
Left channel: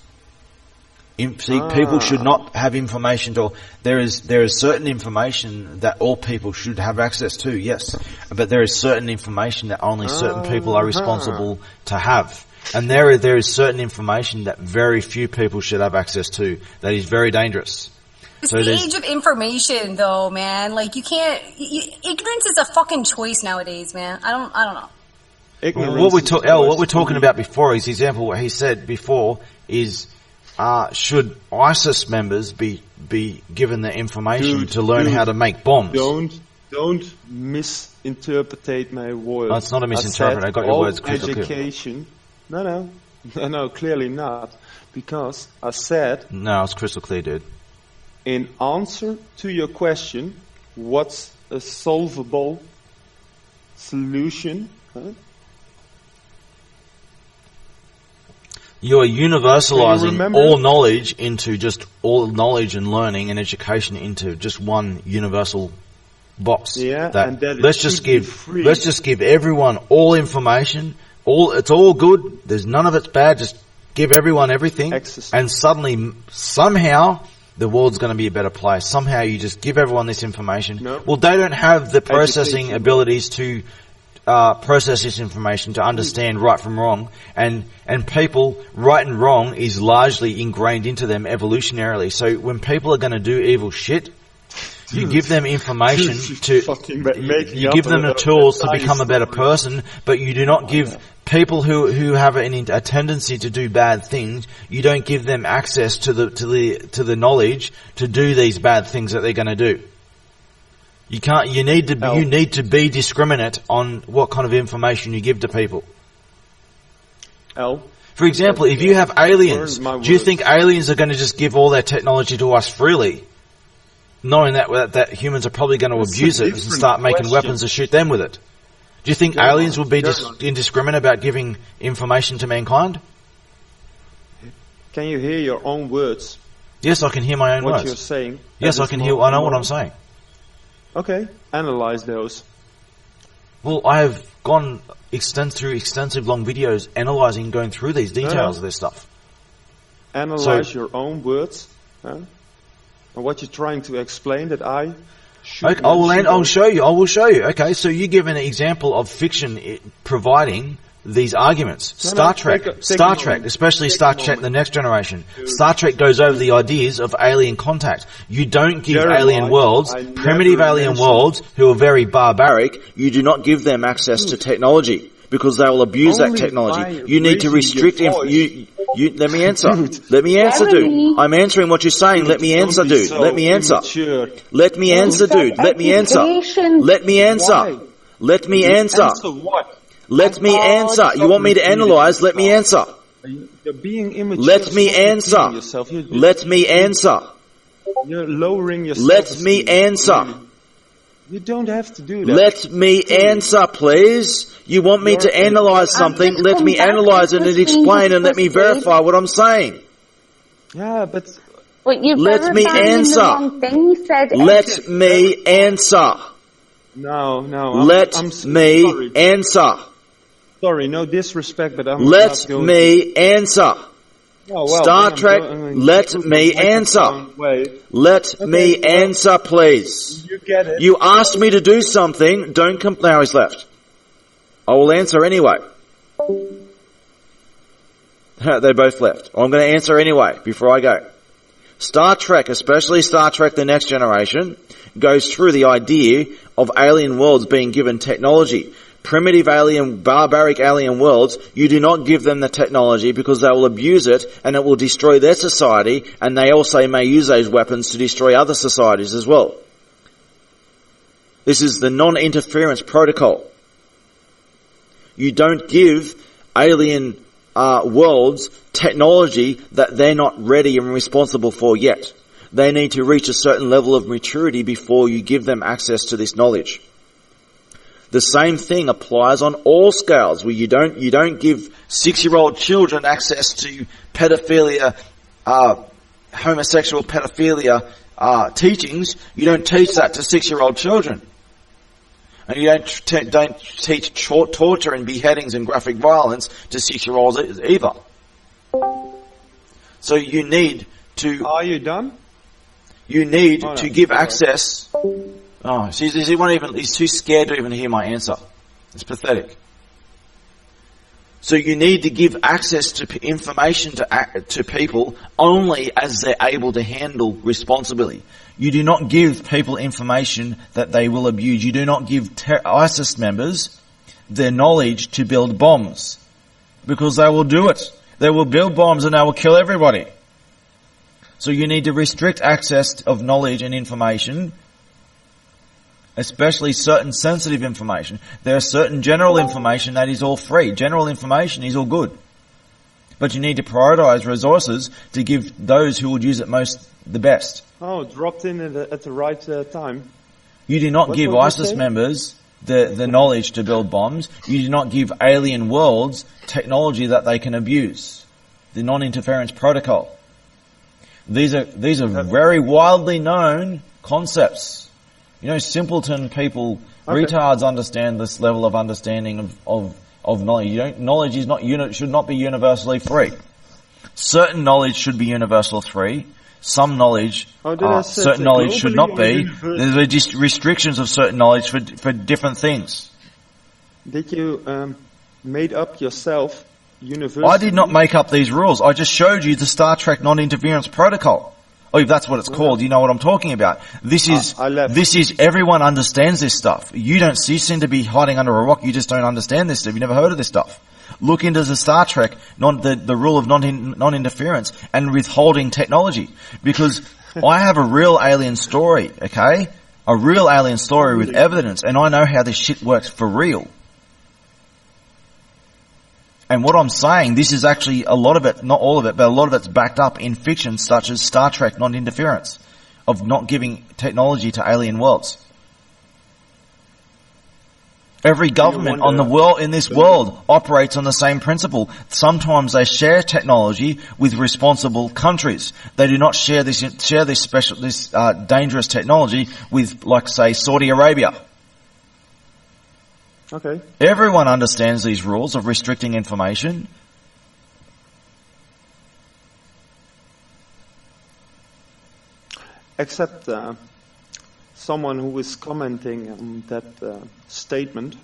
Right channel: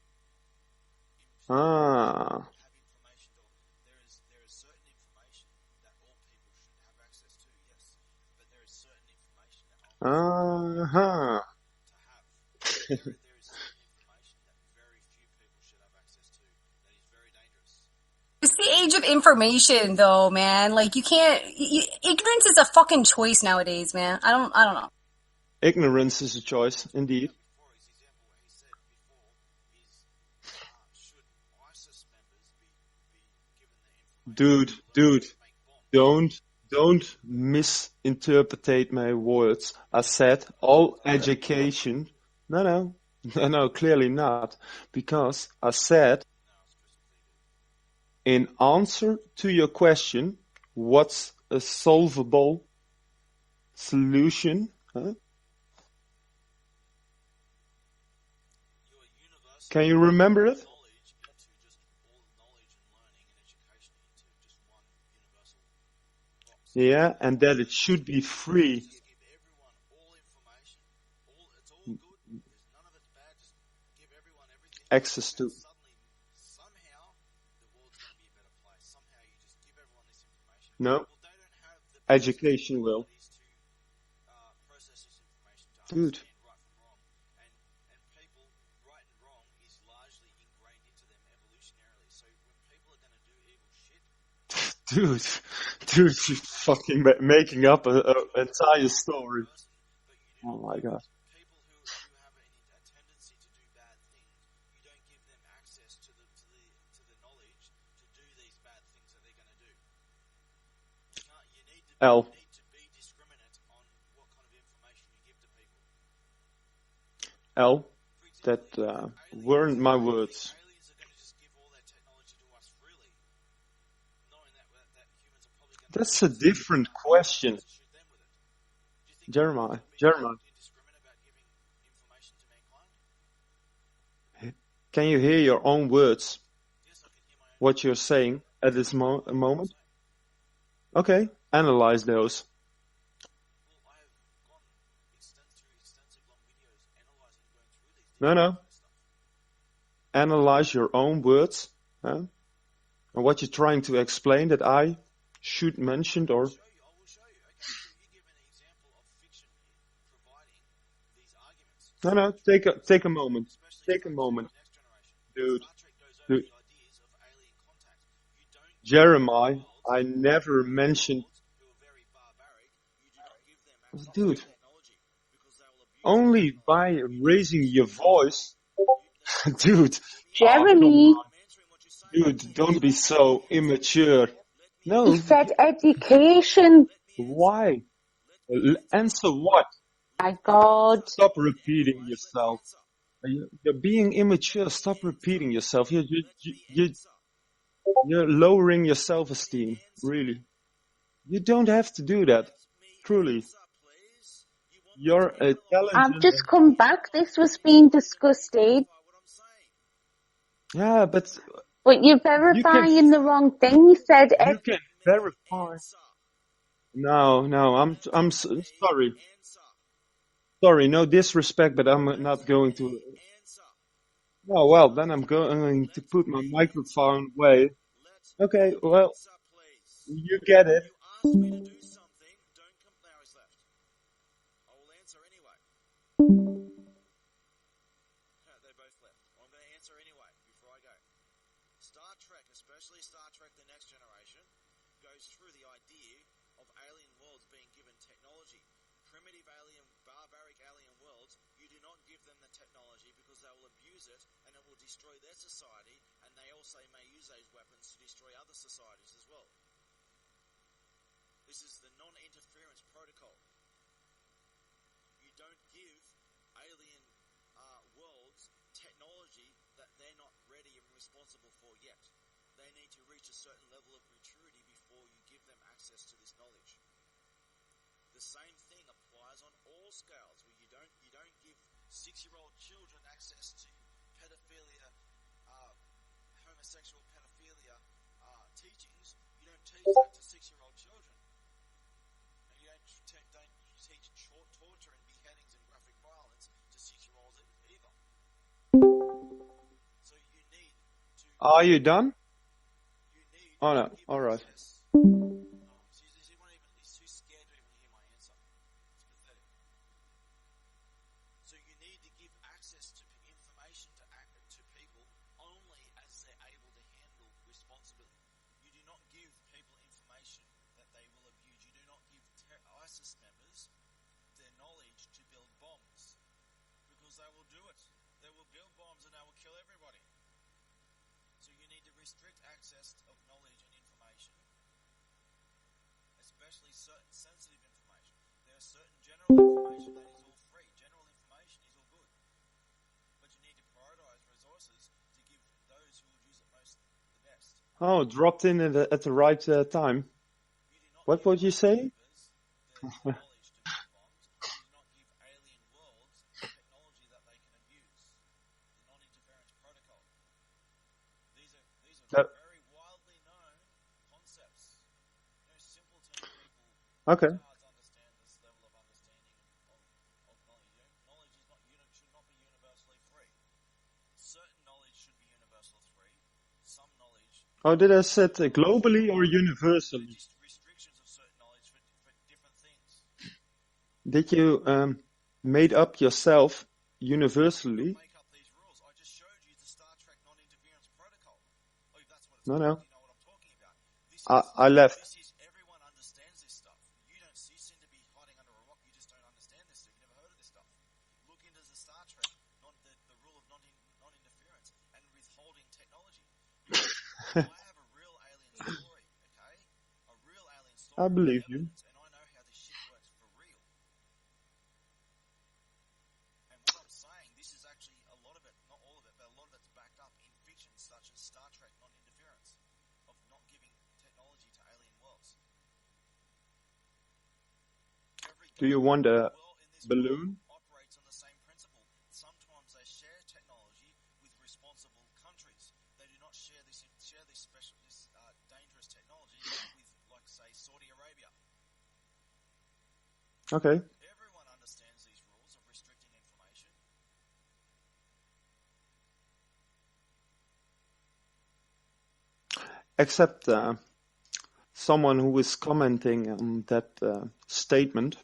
People should not have information there is certain information that all people should have access to, yes. But there is certain information that only certain people are responsible to have. And there is certain information that very few people should have access to that is very dangerous. It's the age of information, though, man. Like, you can't... ignorance is a fucking choice nowadays, man. I don't know. Ignorance what we're talking about before, his example, what he said before, is... should ISIS members be given the information to learn how to make bombs? Don't misinterpret my words. No, it's not a misinterpretation. I got your words correct. Education. No, clearly not. Because I said... No, it's crystal clear, dude. In answer to your question, what's a solvable solution? You're universalizing all knowledge into just all knowledge and learning and education into just one universal box. Yeah, and that let's just give everyone all information. It's all good. There's none of it's bad. Just give everyone everything. Access. And suddenly, somehow, the world's going to be a better place. Somehow you just give everyone this information. No. Well, they don't have the processing Education, abilities to process this information to understand right from wrong, and people, right and wrong is largely ingrained into them evolutionarily. So when people are going to do evil shit, you give them information to you give them the tools to become a better person, but you do not give people who have a tendency to do bad things. You don't give them access to the knowledge to do these bad things that they're going to do. You can't. You need to be discriminate on what kind of information you give to people. For example, if you have aliens, do you think aliens are going to just give all their technology to us freely, knowing that humans are probably going to abuse it and start making weapons to shoot them with it? Do you think aliens will be indiscriminate about giving information to mankind? Can you hear your own words? Yes, I can hear my own words. What you're saying? Yes, I can hear. I know what I'm saying. Okay, analyze those. Well, I have gone through extensive long videos analyzing, going through these details of this stuff. Analyze your own words, and what you're trying to explain that I should. Okay, I'll show you. I will show you. Okay, so you give an example of fiction providing these arguments. Star Trek, especially Star Trek The Next Generation. Dude. Star Trek goes over the ideas of alien contact. You don't give alien worlds, primitive alien worlds, who are very barbaric, you do not give them access to technology, because they will abuse that technology. You need to restrict let me answer. Let me answer, dude. I'm answering what you're saying. Let me answer, dude. Let me answer. Let me answer, dude. Let me answer. Let me answer. Let me answer. Answer what? Let me answer. You want me to analyze? Let me answer. You're being immature. Let me answer. Let me answer. You're lowering yourself. Let me answer. You don't have to do that. Let me answer, please. You want me to analyze something? Let me analyze it and explain, and let me verify what I'm saying. Yeah, but you're verifying the wrong thing. You said. Let me answer. No. Let me answer. Sorry, no disrespect, but I'm not going to... Let me answer. Oh, well, Star Trek, let me answer. Let me answer, please. You get it. You asked me to do something. Don't come... Now he's left. I will answer anyway. They both left. I'm going to answer anyway before I go. Star Trek, especially Star Trek The Next Generation, goes through the idea of alien worlds being given technology. Primitive alien, barbaric alien worlds, you do not give them the technology because they will abuse it and it will destroy their society, and they also may use those weapons to destroy other societies as well. This is the non-interference protocol. You don't give alien worlds technology that they're not ready and responsible for yet. They need to reach a certain level of maturity before you give them access to this knowledge. The same thing applies on all scales, where you don't give 6-year-old children access to pedophilia, homosexual pedophilia teachings. You don't teach that to 6-year-old children, and you don't teach torture and beheadings and graphic violence to 6-year-olds either. So you need to. Are you done? You need to give access. Oh, he's too scared to even hear my answer. It's pathetic. So you need to give access to information to people only as they're able to handle responsibly. You do not give people information that they will abuse. You do not give ISIS members their knowledge to build bombs, because they will do it. They will build bombs and they will kill everybody. So you need to restrict access of knowledge and information, especially certain sensitive information. There are certain general information that is all free. General information is all good. But you need to prioritize resources to give those who would use it most the best. Oh, dropped in at the right time. You do not give ISIS members the knowledge to build bombs. You do not give alien worlds technology that they can abuse. The non-interference protocol. These are very widely known concepts. You know, simpleton people, retards understand this level of understanding of knowledge. Knowledge is should not be universally free. Certain knowledge should be universally free. some knowledge, Oh, did I say certain that knowledge should globally not or be. universally? There are just restrictions of certain knowledge for different things. Did you made up yourself universally? I did not make up these rules. I just showed you the Star Trek non-interference protocol. Oh, if that's what it's called, you know what I'm talking about. This is everyone understands this stuff. You seem to be hiding under a rock. You just don't understand this stuff. You've never heard of this stuff. Look into the Star Trek, the rule of non-interference and withholding technology. Because I have a real alien story, okay? A real alien story with evidence, and I know how this shit works for real. And what I'm saying, this is actually a lot of it, not all of it, but a lot of it's backed up in fiction such as Star Trek non-interference, of not giving technology to alien worlds. Every government in this world operates on the same principle. Sometimes they share technology with responsible countries. They do not share this dangerous technology with, like, say, Saudi Arabia. Okay. Everyone understands these rules of restricting information. Except someone who is commenting on that statement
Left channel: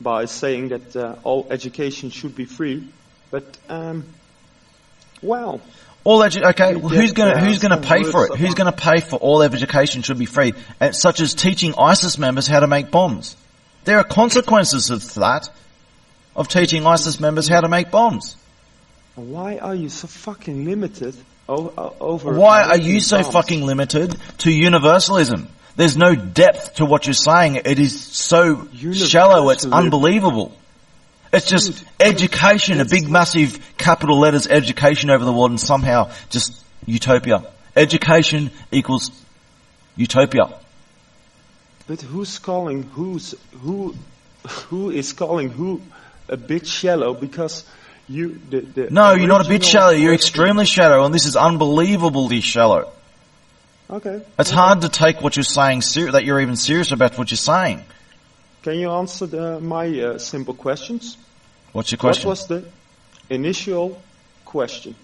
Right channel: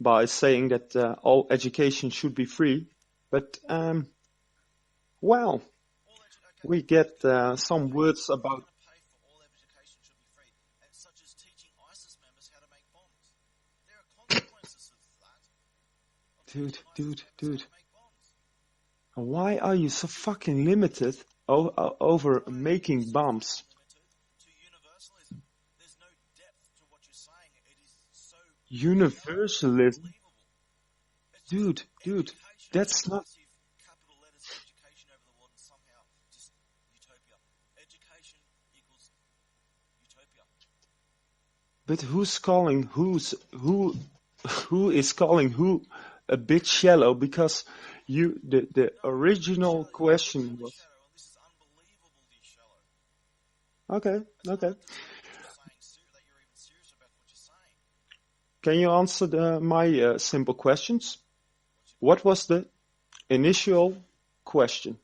by saying that all education should be free. But, well... who's going to pay for it? Who's going to pay for all education should be free? Such as teaching ISIS members how to make bombs. There are consequences of that, of teaching ISIS members how to make bombs. Why are you so fucking limited over... Why are you so bombs? fucking limited to universalism? There's no depth to what you're saying. It is so shallow, it's unbelievable. It's just education, a big massive capital letters education over the world, and somehow just utopia. Education equals utopia. But who is calling who a bit shallow? Because No, you're not a bit shallow. You're extremely shallow, and this is unbelievably shallow. Okay. It's hard to take what you're saying that you're even serious about what you're saying. Can you answer my simple questions? What's your question? What was the initial question?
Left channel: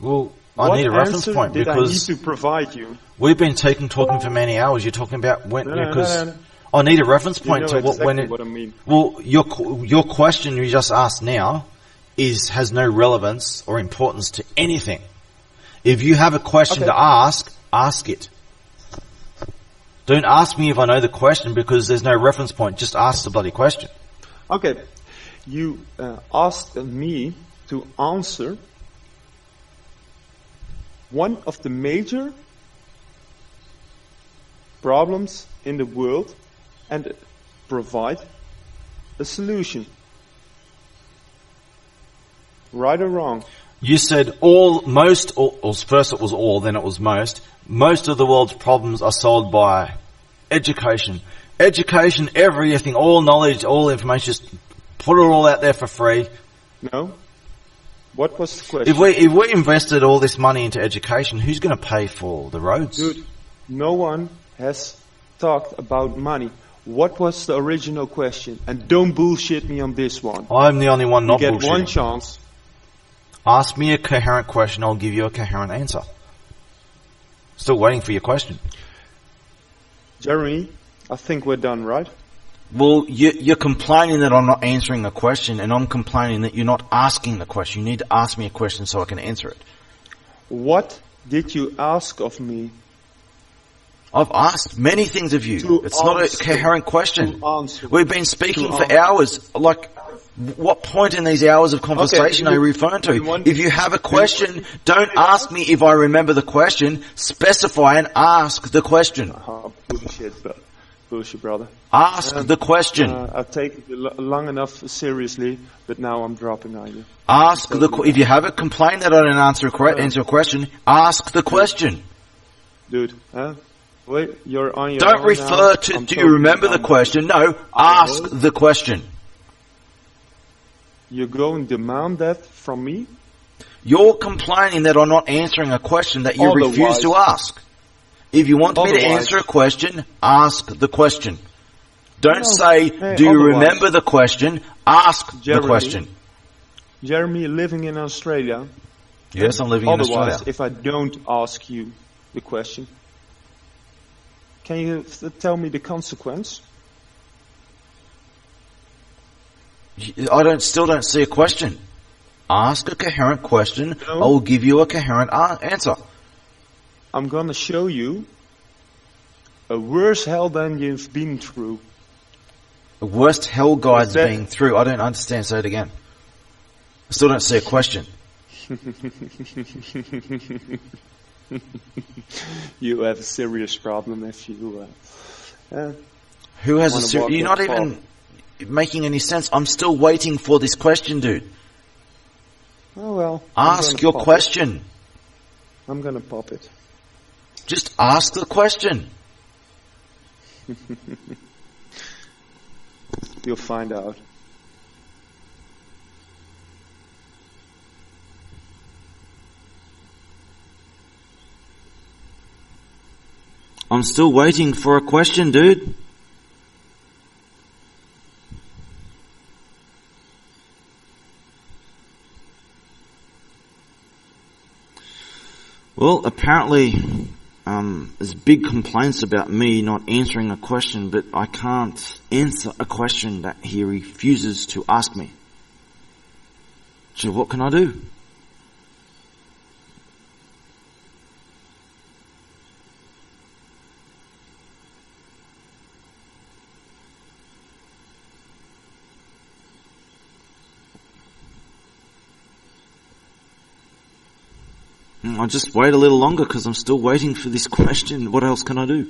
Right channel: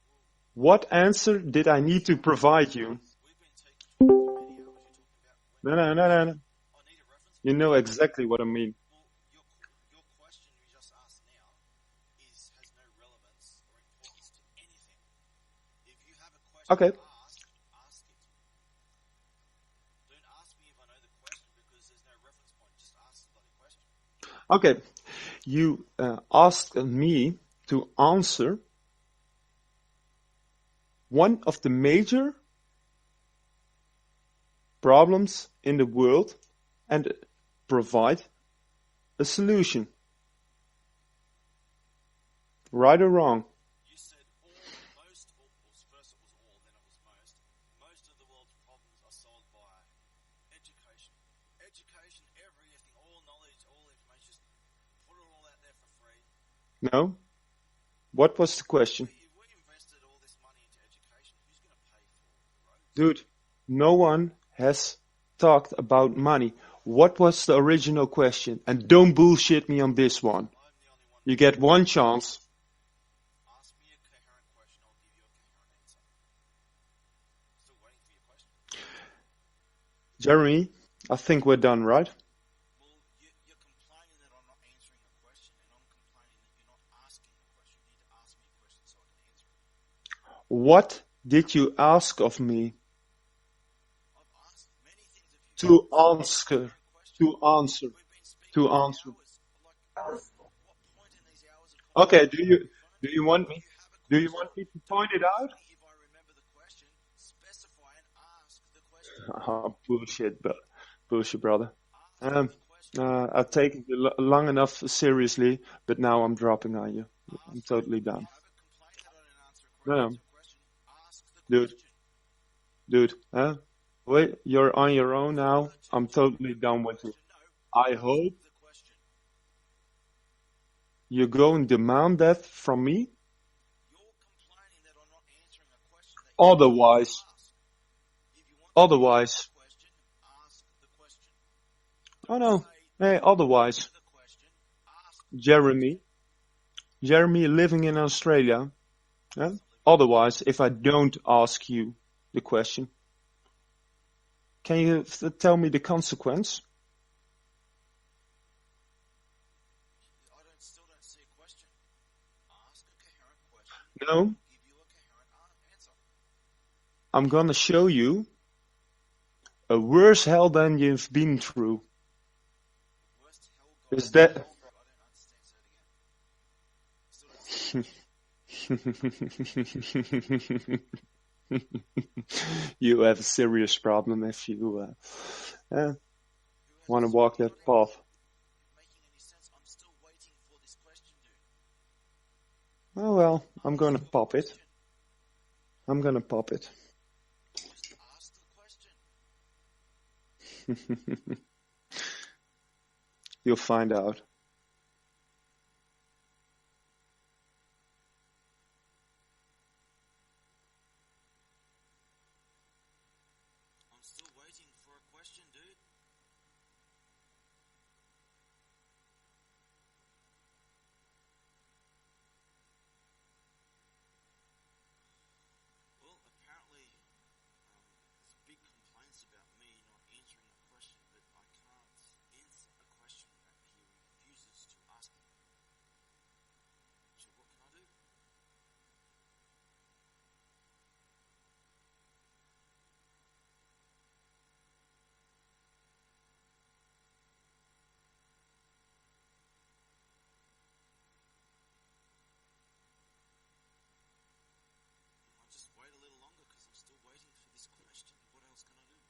Well, what answer did I need to provide you? We've been talking for many hours. You're talking about when. No. I need a reference point. You know exactly what I mean. Well, your question you just asked now has no relevance or importance to anything. If you have a question to ask it. Don't ask me if I know the question because there's no reference point. Just ask the bloody question. Okay. You asked me to answer one of the major problems in the world and provide a solution. Right or wrong? You said first it was all, then it was most. Most of the world's problems are solved by education. Education, everything, all knowledge, all information, just put it all out there for free. No. What was the question? If we invested all this money into education, who's going to pay for the roads? Dude, no one has talked about money. What was the original question? And don't bullshit me on this one. I'm the only one not bullshitting. You get one chance. Ask me a coherent question, I'll give you a coherent answer. Still waiting for your question. Jeremy, I think we're done, right? Well, you're complaining that I'm not answering the question, and I'm complaining that you're not asking the question. You need to ask me a question so I can answer it. What did you ask of me? I've asked many things of you. It's not a coherent question. We've been speaking for hours. Like, what point in these hours of conversation are you referring to? If you have a question, don't ask me if I remember the question. Specify and ask the question. Bullshit, brother. Ask the question. I've taken it long enough seriously, but now I'm dropping on you. Ask if you have a complaint that I didn't answer a question, ask the question. Dude, wait, you're on your Don't own refer now. to, do you remember the question? No, ask the question. You're going to demand that from me? You're complaining that I'm not answering a question that you refuse to ask. If you want me to answer a question, ask the question. Don't say, do you remember the question? Ask the question. Jeremy, living in Australia, Yes, I'm living in Otherwise, Australia. if I don't ask you the question, can you tell me the consequence? Still don't see a question. Ask a coherent question. No. I will give you a coherent answer. I'm gonna show you a worse hell than you've been through. The worst hell guide's Is that- been through. I don't understand. Say it again. I still don't see a question. You have a serious problem if you. Who has wanna a walk You're that not even making any sense. I'm still waiting for this question, dude. Oh well. I'm Ask gonna your pop question. it. I'm gonna pop it. Just ask the question. You'll find out. I'm still waiting for a question, dude. Well, apparently, there's big complaints about me not answering a question, but I can't answer a question that he refuses to ask me. So what can I do? I'll just wait a little longer because I'm still waiting for this question. What else can I do?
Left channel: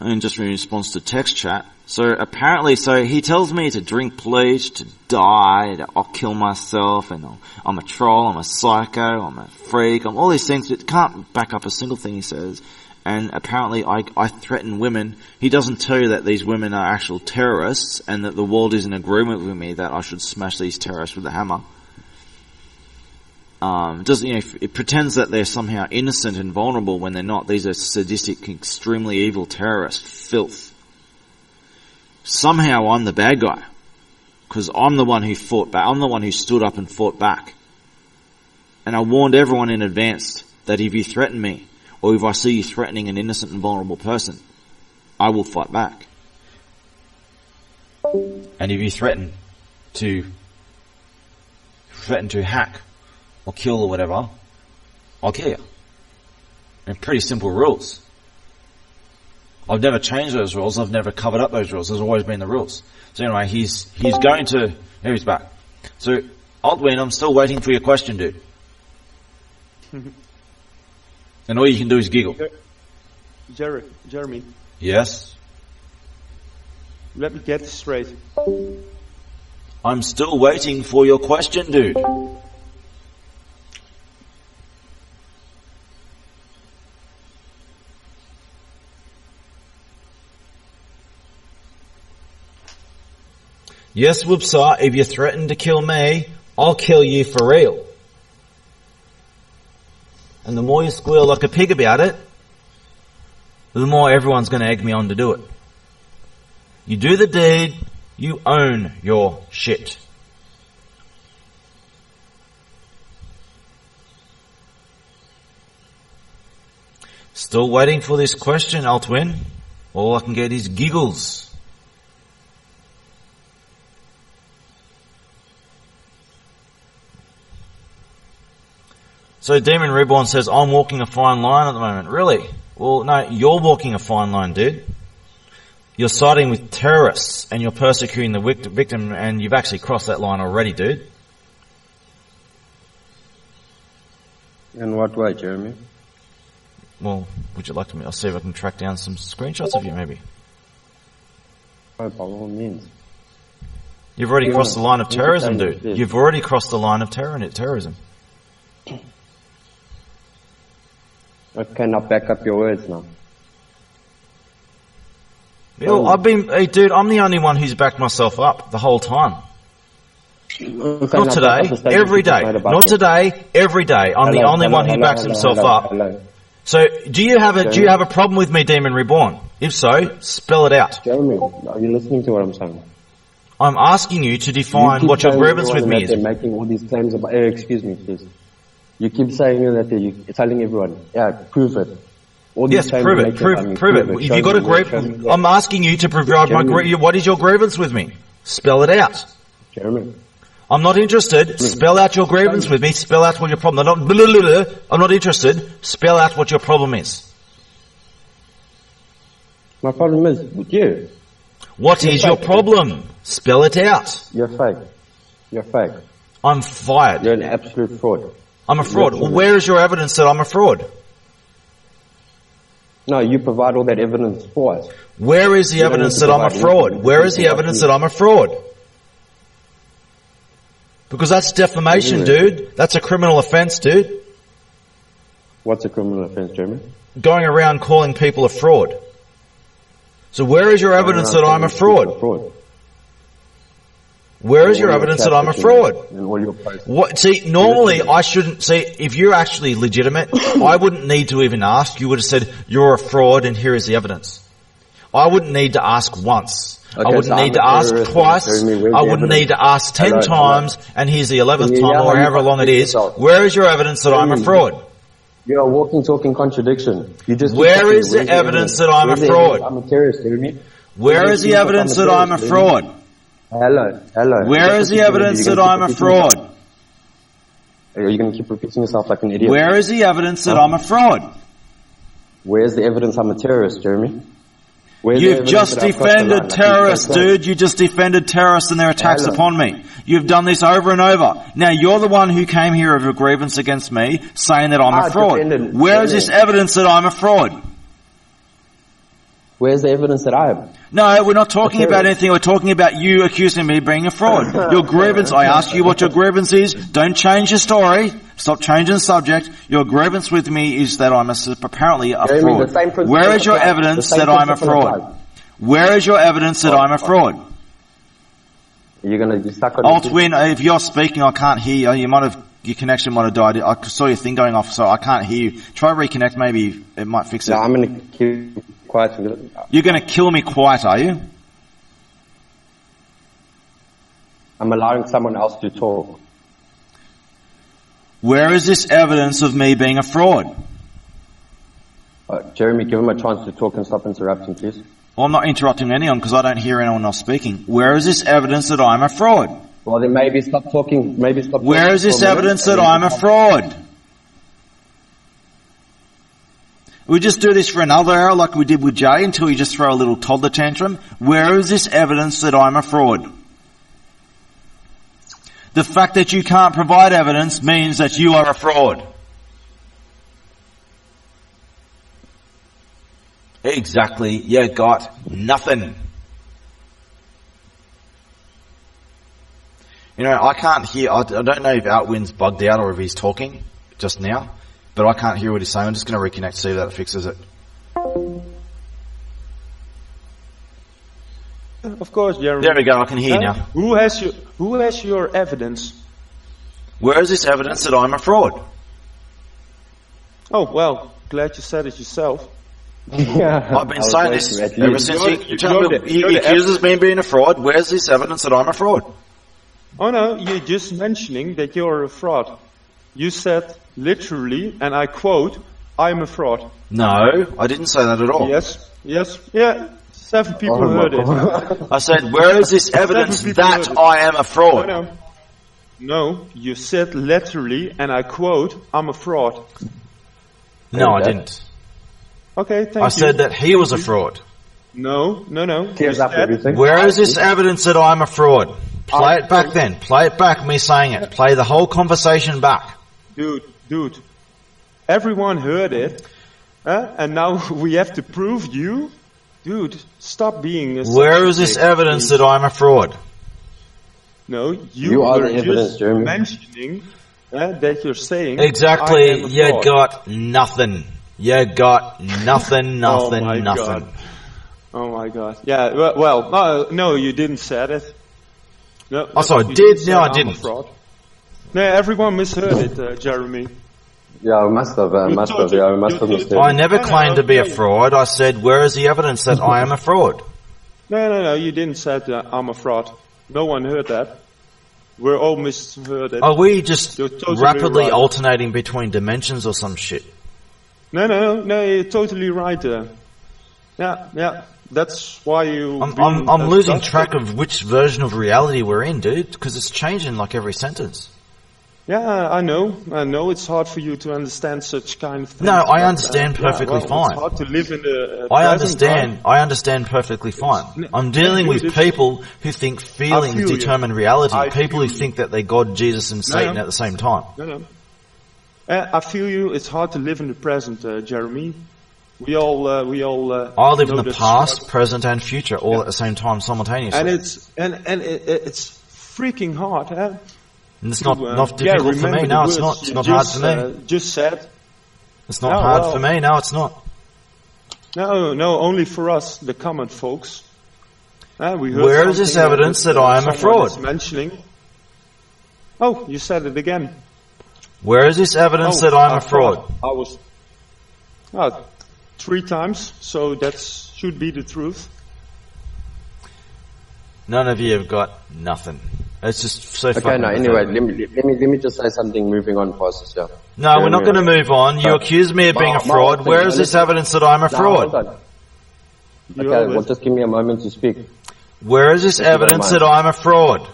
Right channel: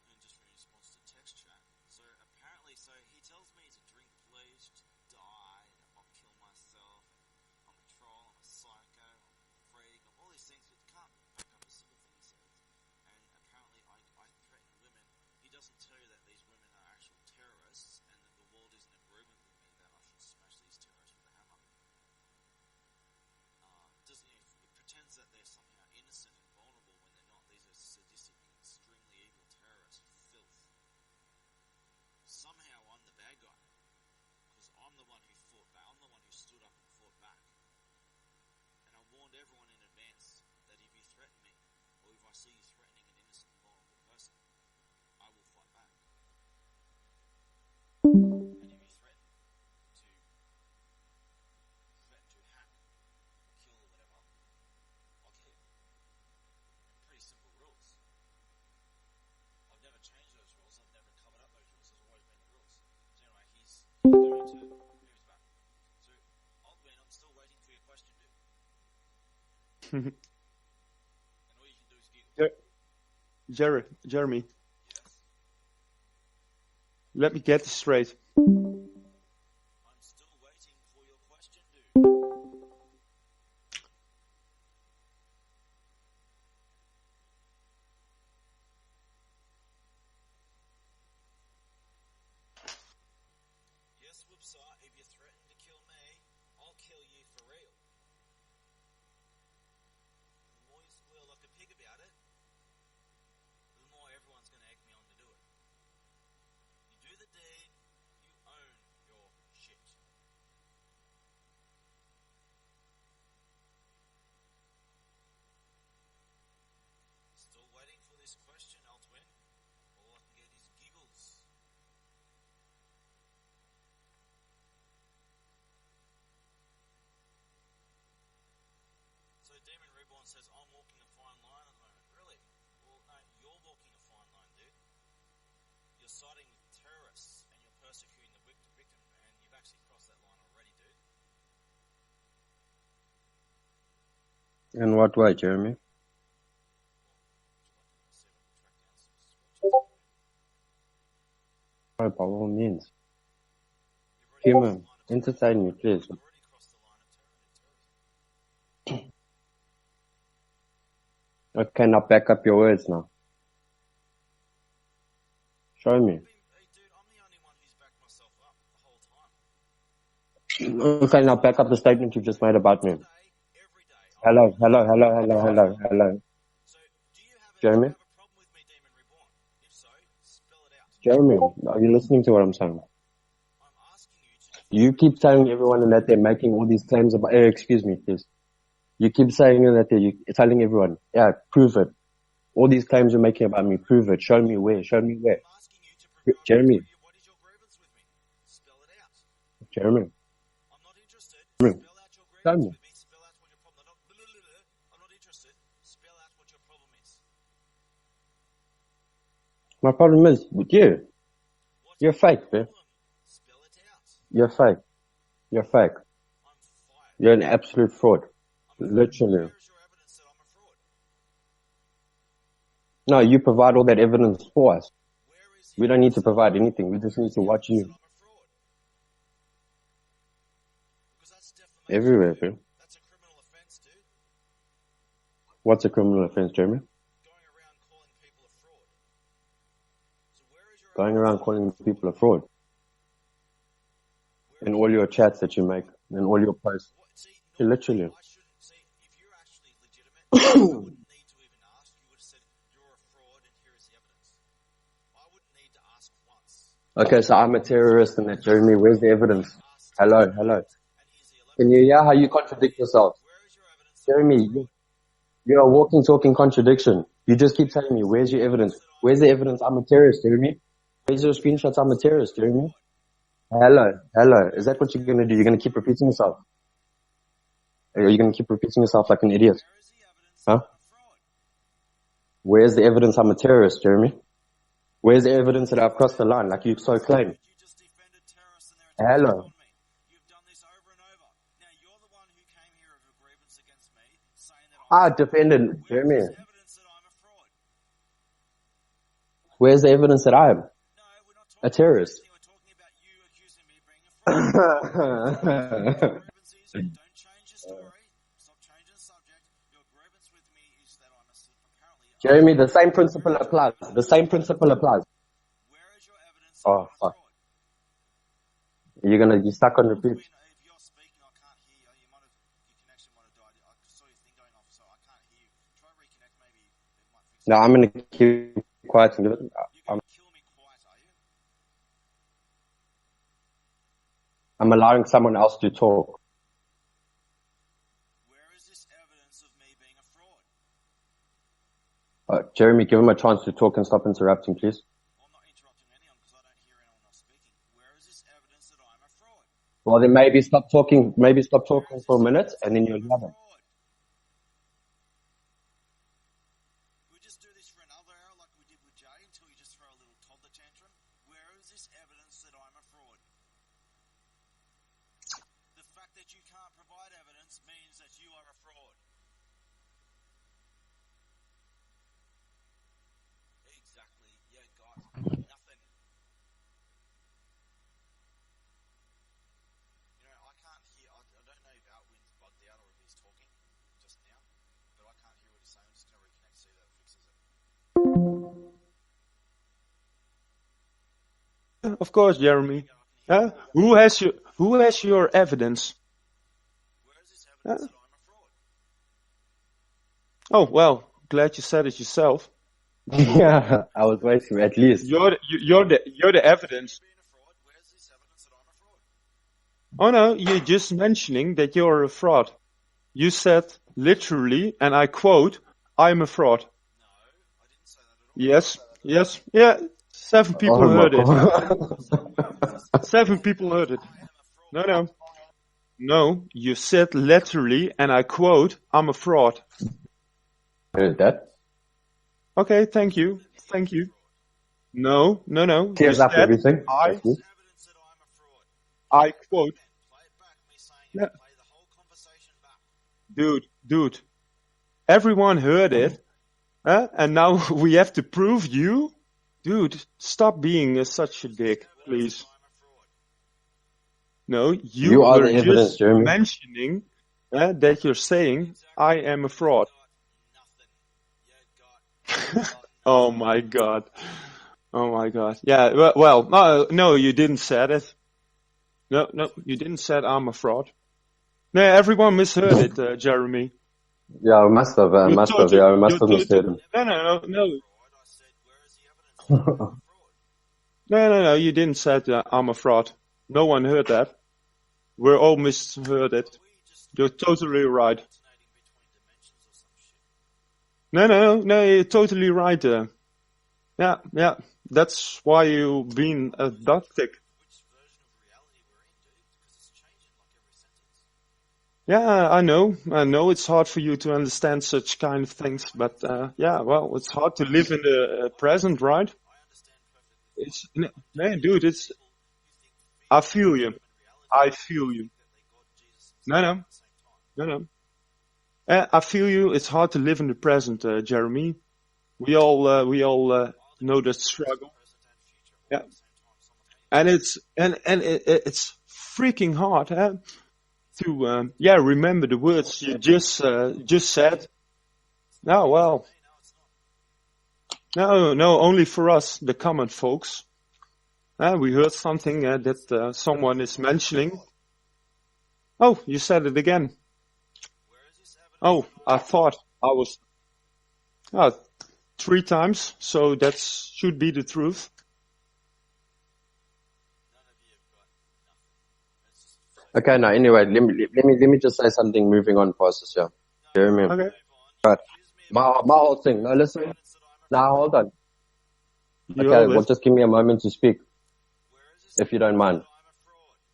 And just in response to text chat. So apparently, he tells me to drink bleach, to die, that I'll kill myself, and I'm a troll, I'm a psycho, I'm a freak, I'm all these things. It can't back up a single thing he says. And apparently I threaten women. He doesn't tell you that these women are actual terrorists and that the world is in agreement with me that I should smash these terrorists with a hammer. It pretends that they're somehow innocent and vulnerable when they're not. These are sadistic, extremely evil terrorists. Filth. Somehow I'm the bad guy. Because I'm the one who fought back. I'm the one who stood up and fought back. And I warned everyone in advance that if you threaten me, or if I see you threatening an innocent and vulnerable person, I will fight back. And if you threaten to hack or kill or whatever, I'll kill you. And pretty simple rules. I've never changed those rules. I've never covered up those rules. There's always been the rules. So anyway, he's going to... Here he's back. So, Altwin, I'm still waiting for your question, dude. And all you can do is giggle. Jeremy. Yes? Let me get this straight. I'm still waiting for your question, dude. Yes, Whoopsa, if you threaten to kill me, I'll kill you for real. And the more you squeal like a pig about it, the more everyone's going to egg me on to do it. You do the deed, you own your shit. Still waiting for this question, Altwin. All I can get is giggles. So Demon Reborn says, I'm walking a fine line at the moment. Really? Well, no, you're walking a fine line, dude. You're siding with terrorists and you're persecuting the victim, and you've actually crossed that line already, dude. In what way, Jeremy? Well, would you like to? I'll see if I can track down some screenshots of you, maybe. Oh, by all means. You've already crossed the line of terrorism, entertain dude. it, You've already crossed the line of terrorism. I cannot back up your words now. Hey, dude, I'm the only one who's backed myself up the whole time. Okay, Not now back up the today, statement every you just day. made about Not me. today, every day. I'm the Hello, only hello, one who hello, backs hello, himself hello, up. hello. So, do you have Jeremy? a problem with me, Demon Reborn? If so, spell it out. Jeremy, are you listening to what I'm saying? I'm asking you to You define keep what your telling grievance with everyone me that is. they're making all these claims about. Excuse me, please. You keep saying that you're telling everyone. Yeah, prove it. All these Yes, claims prove you're it. making about me. Prove it. Show You got me a where, show me grievance. where. I'm asking you to provide Jeremy. what is your grievance with me? Spell it out. Jeremy. I'm not interested. Spell out your grievance with me. Spell out what your problem. I'm not interested. Spell out what your problem is. My problem is with you. What You're is your fake, problem? Spell it out. You're fake. You're fake. I'm fired. You're an absolute fraud. I'm a fraud. Literally. Where is your evidence that I'm a fraud? No, you provide all that evidence for us. Where is the You don't evidence need to that I'm a provide fraud? anything. Where You is just the need to evidence watch that I'm a fraud? Because that's defamation, Everywhere. dude. That's a criminal offence, dude. What's a criminal offence, Jeremy? Going around calling people a fraud. So where is your evidence that I'm a fraud? Where is your evidence that I'm a fraud? And all your posts. What? See, normally I shouldn't see. If you're actually legitimate, I wouldn't need to even ask. You would have said you're a fraud, and here is the evidence. I wouldn't need to ask once. I Okay, wouldn't so I'm need a to ask terrorist, twice. and you're telling me where's I the wouldn't evidence? need to ask 10 Hello, times, and here's the 11th Can you hear time, how or you however long it contradict is. yourself? Where is your evidence that I'm a Jeremy, fraud? You're a walking, talking contradiction. You just keep Where talking. is the Where's evidence that I'm a Where's the fraud? evidence I'm a terrorist, Jeremy? Where is the evidence that I'm a fraud? Hello. Where is the evidence that I'm a fraud? Are you going to keep repeating yourself like an idiot? Where is the evidence that I'm a fraud? Where's the evidence I'm a terrorist, Jeremy? Where's the You've evidence just that I've crossed the line? defended Like you terrorists, so claim? dude. You just defended terrorists and their attacks Hello. upon me. You've done this over and over. Now you're the one who came here with a grievance against me, saying that I'm I a fraud. defended Where is Jeremy. this evidence that I'm a fraud? Where's the evidence that I am? No, we're not talking terrorist. about anything. We're talking about you accusing me of being a fraud. Your grievance, I asked you what your grievance is. Don't change your story. Stop changing the subject. Your grievance with me is that I'm apparently a Jeremy, fraud. the same principle Where is your applies. evidence The same that I'm a principle fraud? applies. Where is your evidence that I'm a fraud? You're going to be stuck on Alt the Win, if you're speaking, I can't hear you. Your connection might have died. I saw your thing going off, so I can't hear you. Try reconnect, maybe it might fix it. No, I'm going to keep quiet. You're going to kill me quiet, are you? I'm allowing someone else to talk. Where is this evidence of me being a fraud? Jeremy, give him a chance to talk and stop interrupting, please. Well, I'm not interrupting anyone because I don't hear anyone else speaking. Where is this evidence that I'm a fraud? Well, then maybe stop talking. Maybe stop talking. Where is for a this minute, evidence and that then I'm a fraud? We just do this for another hour like we did with Jay until you just throw a little toddler tantrum. Where is this evidence that I'm a fraud? The fact that you can't provide evidence means that you are a fraud. Exactly. You got nothing. You know, I can't hear, I don't know if Outwin's bugged out or if he's talking just now, but I can't hear what he's saying. I'm just going to reconnect, see if that fixes it. Of course, Jeremy. There we go, I can hear you now. Who has your evidence? Where is this evidence that I'm a fraud? Oh, well, glad you said it yourself. Yeah, I've been saying this ever since he accuses me of being a fraud. Where's this evidence that I'm a fraud? Oh no, you're just mentioning that you're a fraud. You said literally, and I quote, "I'm a fraud." No, I didn't say that at all. Yes, yeah. 7 people heard it. I said, where is this evidence that I am a fraud? No, you said literally, and I quote, "I'm a fraud." No, I didn't. Okay, thank you. I said that he was a fraud. No. Tears up everything. Where is this evidence that I'm a fraud? Play it back then. Play it back, me saying it. Play the whole conversation back. Dude. Everyone heard it. And now we have to prove you? Dude, stop being a Where is this evidence that I'm a fraud? No, you are were the evidence, just Jeremy. mentioning that you're saying exactly. I am a you fraud. got nothing. You got nothing. Oh my God. Oh my God. Yeah. Well, no, you didn't say it. No, Oh, so I you did? say No, I I'm a didn't. fraud. No, everyone misheard it, Jeremy. Yeah, I must have. Yeah, I must have misheard. I never claimed to be a fraud. I said, where is the evidence that I am a fraud? No, you didn't say that I'm a fraud. No one heard that. We're all misheard it. Are we just You're totally rapidly right. alternating between dimensions or some shit? No, you're totally right. Yeah, that's why I'm losing track of which version of reality we're in, dude, because it's changing like every sentence. Yeah, I know. It's hard for you to understand such kind of things. No, I but, understand perfectly fine. It's hard to live in the I present, understand. right? I understand perfectly fine. I'm Yeah, dealing dude, with people who think feelings feel you. determine reality. I People who feel you. think that they're God, Jesus, and No, Satan no. at the same time. No. I feel you. It's hard to live in the present, Jeremy. We all I live know in the the past, struggle. present, and future all at the same time, simultaneously. And it's freaking hard, huh? And it's to, not difficult for remember me. the No, it's words not. It's you not hard for me. just said. It's not No, hard well. for me. No, it's not. No, only for us, the common folks. We heard Where is something this evidence that I am a someone fraud? is mentioning. Oh, you said it again. Where is this evidence that I'm a fraud? I was 3 times, so that should be the truth. None of you have got nothing. It's just so. Okay, fucking no. Anyway, let me just say something. Moving on, past yeah. No, we're not going to move on. You accuse me of being a fraud. Where is this evidence that I'm a fraud? Hold on. Okay, well, just give me a moment to speak. Where is this If you don't evidence mind. that I'm a fraud?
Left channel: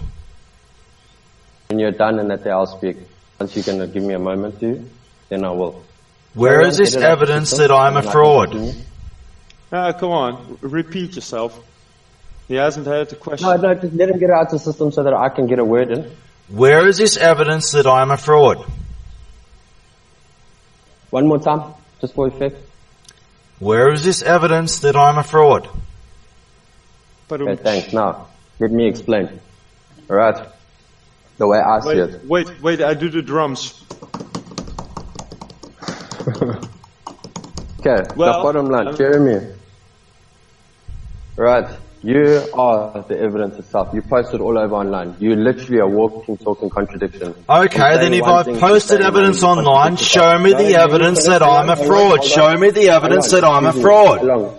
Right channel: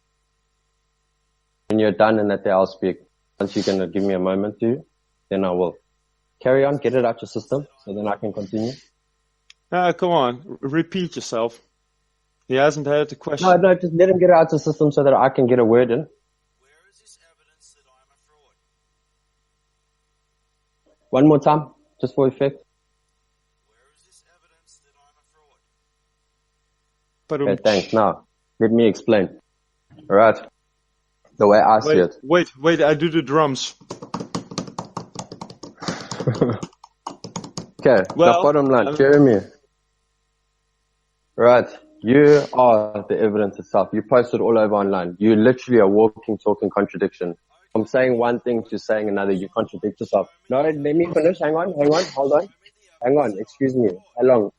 When you're done and that I'll speak. Once you're going to give me a moment to, then I will. Where Carry is on, this get it out the evidence system, that I'm and a then I can fraud? continue. Come on, repeat yourself. He hasn't heard the question. No, just let him get it out the system so that I can get a word in. Where is this evidence that I'm a fraud? One more time, just for effect. Where is this evidence that I'm a fraud? Okay, thanks. Now, let me explain. Alright. The way I see it. Wait, I do the drums. Okay, the bottom line, Jeremy. Right, you are the evidence itself. You post it all over online. You literally are walking, talking contradiction. Okay, then if I've posted evidence online, show me the evidence that I'm a fraud. Show me the evidence that I'm a fraud.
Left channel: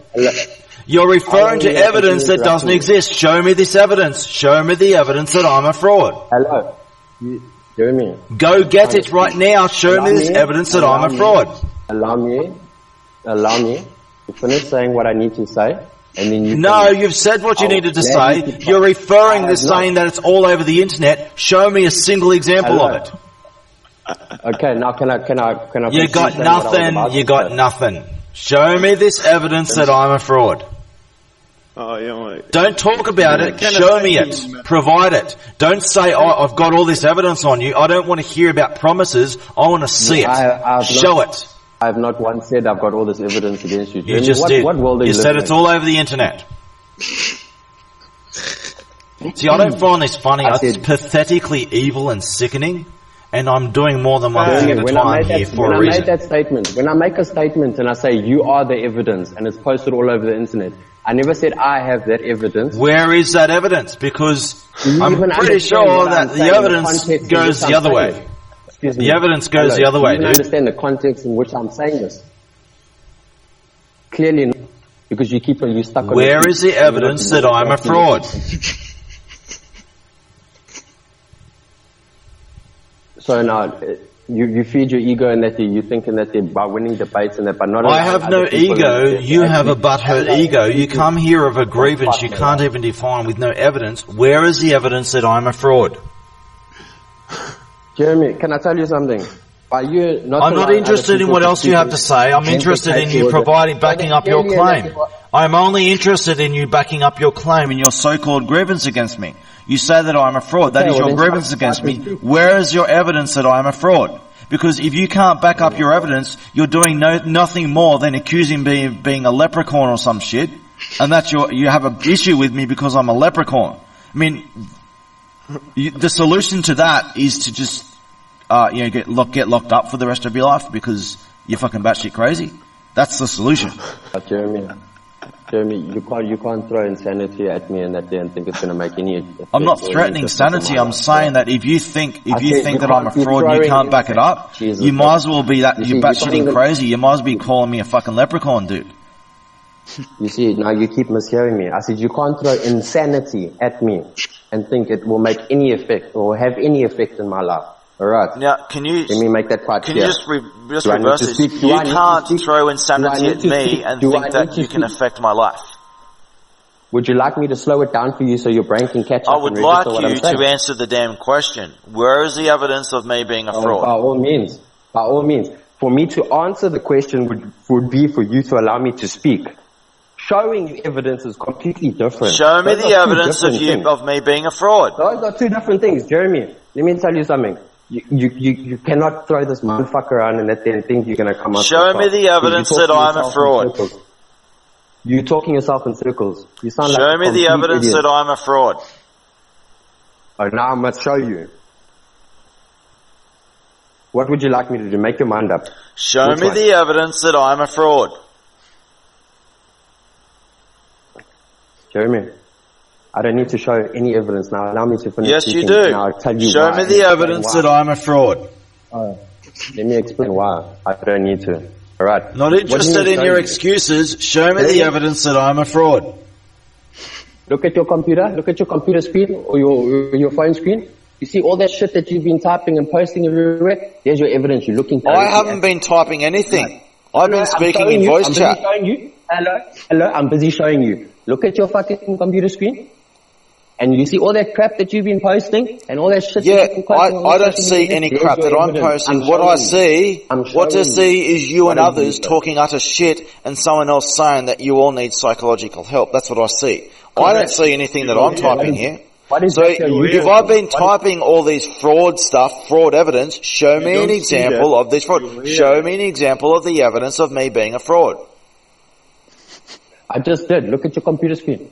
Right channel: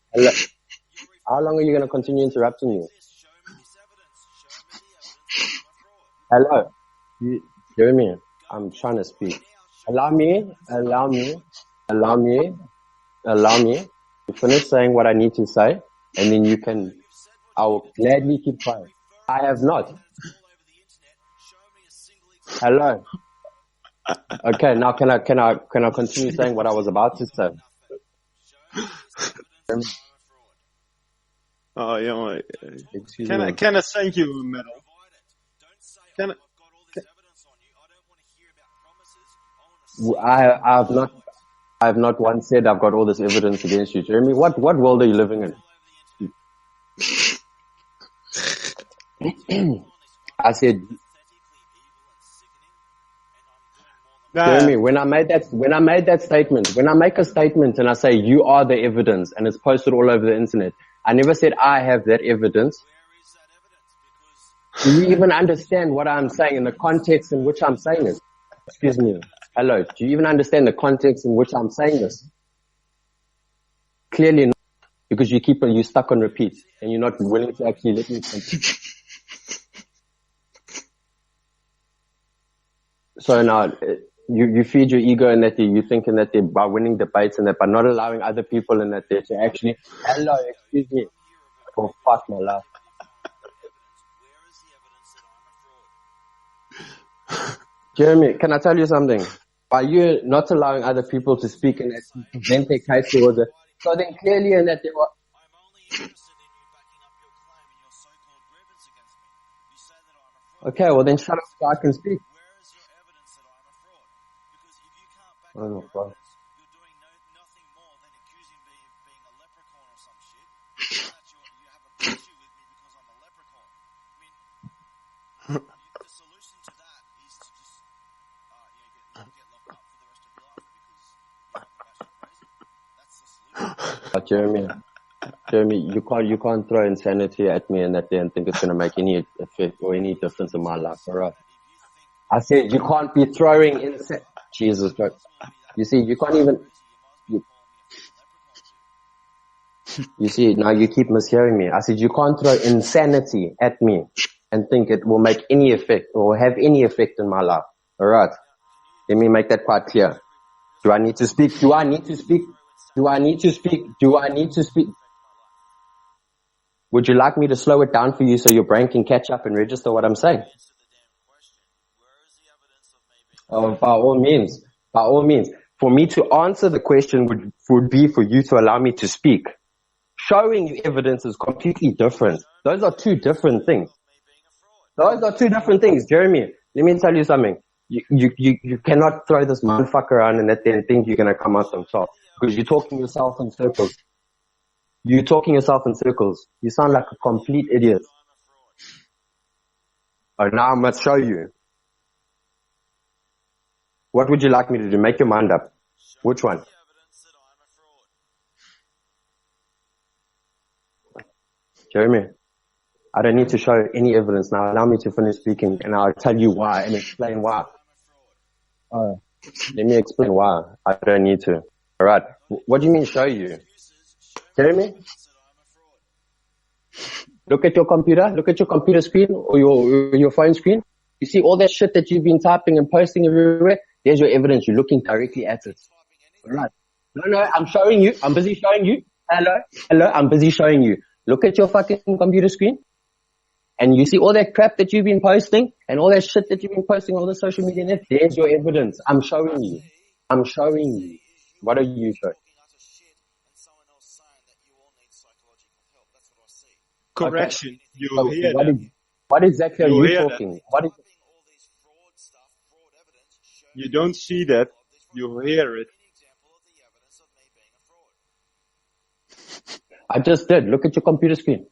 You're referring to evidence that doesn't exist. Show me this evidence. Show me the evidence that I'm a fraud. Hello. Jeremy. Go get it right now. Show me this evidence that I'm a fraud. Allow me to finish saying what I need to say, and then you No, you've said what you needed to say. You're referring to saying that it's all over the internet. Show me a single example of it. Okay, now can I You continue got saying what I was nothing. about You to got say? nothing. Show me this evidence that I'm a fraud. Oh, yeah. Don't talk about it. Show me it. Provide it. Don't say, "Oh, I've got all this evidence on you." I don't want to hear about promises. I want to see it. Show it. I have not once said I've got all this evidence against you. You Jeremy, just did. what world are you You living said it's in? all over the internet. See, I don't find this funny. It's pathetically evil and sickening, and I'm doing more than one thing Jeremy, at a when I time made here that for when a I made reason. that statement, when I make a statement and I say you are the evidence and it's posted all over the internet, I never said I have that evidence. Where is that evidence? Because You I'm even pretty understand sure what I'm that the saying, the evidence context in goes which the I'm other way. saying it. Excuse me. The evidence goes the other way, You even dude. understand the context in which I'm saying this? Clearly not, because you stuck on Where the is the evidence that I'm a fraud? So now, you feed your ego and that you're thinking that by winning debates and that by not I allowing have other no people and ego. that You they have a actually- butthurt ego. You come here of a grievance you fuck, can't man. even define with no evidence. Where is the evidence that I'm a fraud? Jeremy, can I tell you something? Are you not I'm not allowing other interested in people what to else you speak have and to say. I'm interested in vindicate you your- providing, backing up your clearly and claim. that you are- I'm only interested in you backing up your claim and your so-called grievance against me. You say that I'm a fraud. Okay, That is well your then shut grievance up, against let me. me speak. Where is your evidence that I'm a fraud? Because if you can't back up your evidence, you're doing nothing more than accusing me of being a leprechaun or some shit, and that's you have an issue with me because I'm a leprechaun. I mean, the solution to that is to just get locked up for the rest of your life because you're fucking batshit crazy. That's the solution. Jeremy, Jeremy, you can't throw insanity at me and that day and think it's going to make any effect. I'm not or any threatening difference in sanity. my I'm life, saying bro. that if you think I said you that I'm a can't be fraud and you throwing can't back it up, Jesus, you bro. might as well be that You see, you're you can't batshit even- crazy. You might as well be calling me a fucking leprechaun, dude. You see, now you keep mishearing me. I said you can't throw insanity at me and think it will make any effect or have any effect in my life. Alright? Now, can you... Let me make that quite Can clear. you just Do I need reverse to this? speak? Do You I need to can't speak? throw Do I insanity need at to me speak? and Do think I need that to you can speak? affect my life. Would you like me to slow it down for you so your brain can catch I up would and like register what I'm you saying? to answer the damn question. Where is the evidence of me being a Oh, fraud? by all means. By all means. For me to answer the question would be for you to allow me to speak. Showing you evidence is completely different. Show me Those the are two evidence different things. of me being a fraud. Those are two different things. Jeremy, let me tell you something. You cannot throw this motherfucker around and at the end think you're going to come out Show on top. me the Because evidence you're that talking I'm a yourself in fraud. circles. You're talking yourself in circles. You sound like Show a me complete the evidence idiot. that I'm a fraud. Oh, now I must show you. What would you like me to do? Make your mind up. Show Which me one? the evidence that I'm a fraud. Jeremy, I don't need to show any evidence now. Allow me to finish Yes, you speaking. do. And I'll tell you Show why. me and the explain evidence why. that I'm a fraud. Let me explain why. I don't need to. Alright. Not What do you interested mean in show your you? excuses. Show me Jeremy? the evidence that I'm a fraud. Look at your computer. Look at your computer screen or your phone screen. You see all that shit that you've been typing and posting everywhere? There's your evidence. You're looking I directly haven't at been it. typing anything. Right. I've been I'm speaking showing in you. voice I'm busy chat. showing you. Hello. I'm busy showing you. Look at your fucking computer screen. And you see all that crap that you've been posting and all that shit Yeah, that you've been posting on I the don't social see media. any There's crap your that I'm evidence. posting. What I showing you. see, I'm what I showing see is you What and did you others say? talking utter shit and someone else saying that you all need psychological help. That's what I see. I don't Correct. see anything that You're I'm here. typing here. What is So that you're if talking? I've been What is- typing all these fraud stuff, fraud evidence, show You me don't an see example that. of this fraud. You hear Show it. me an example of the evidence of me being a fraud. I just did. Look at your computer screen.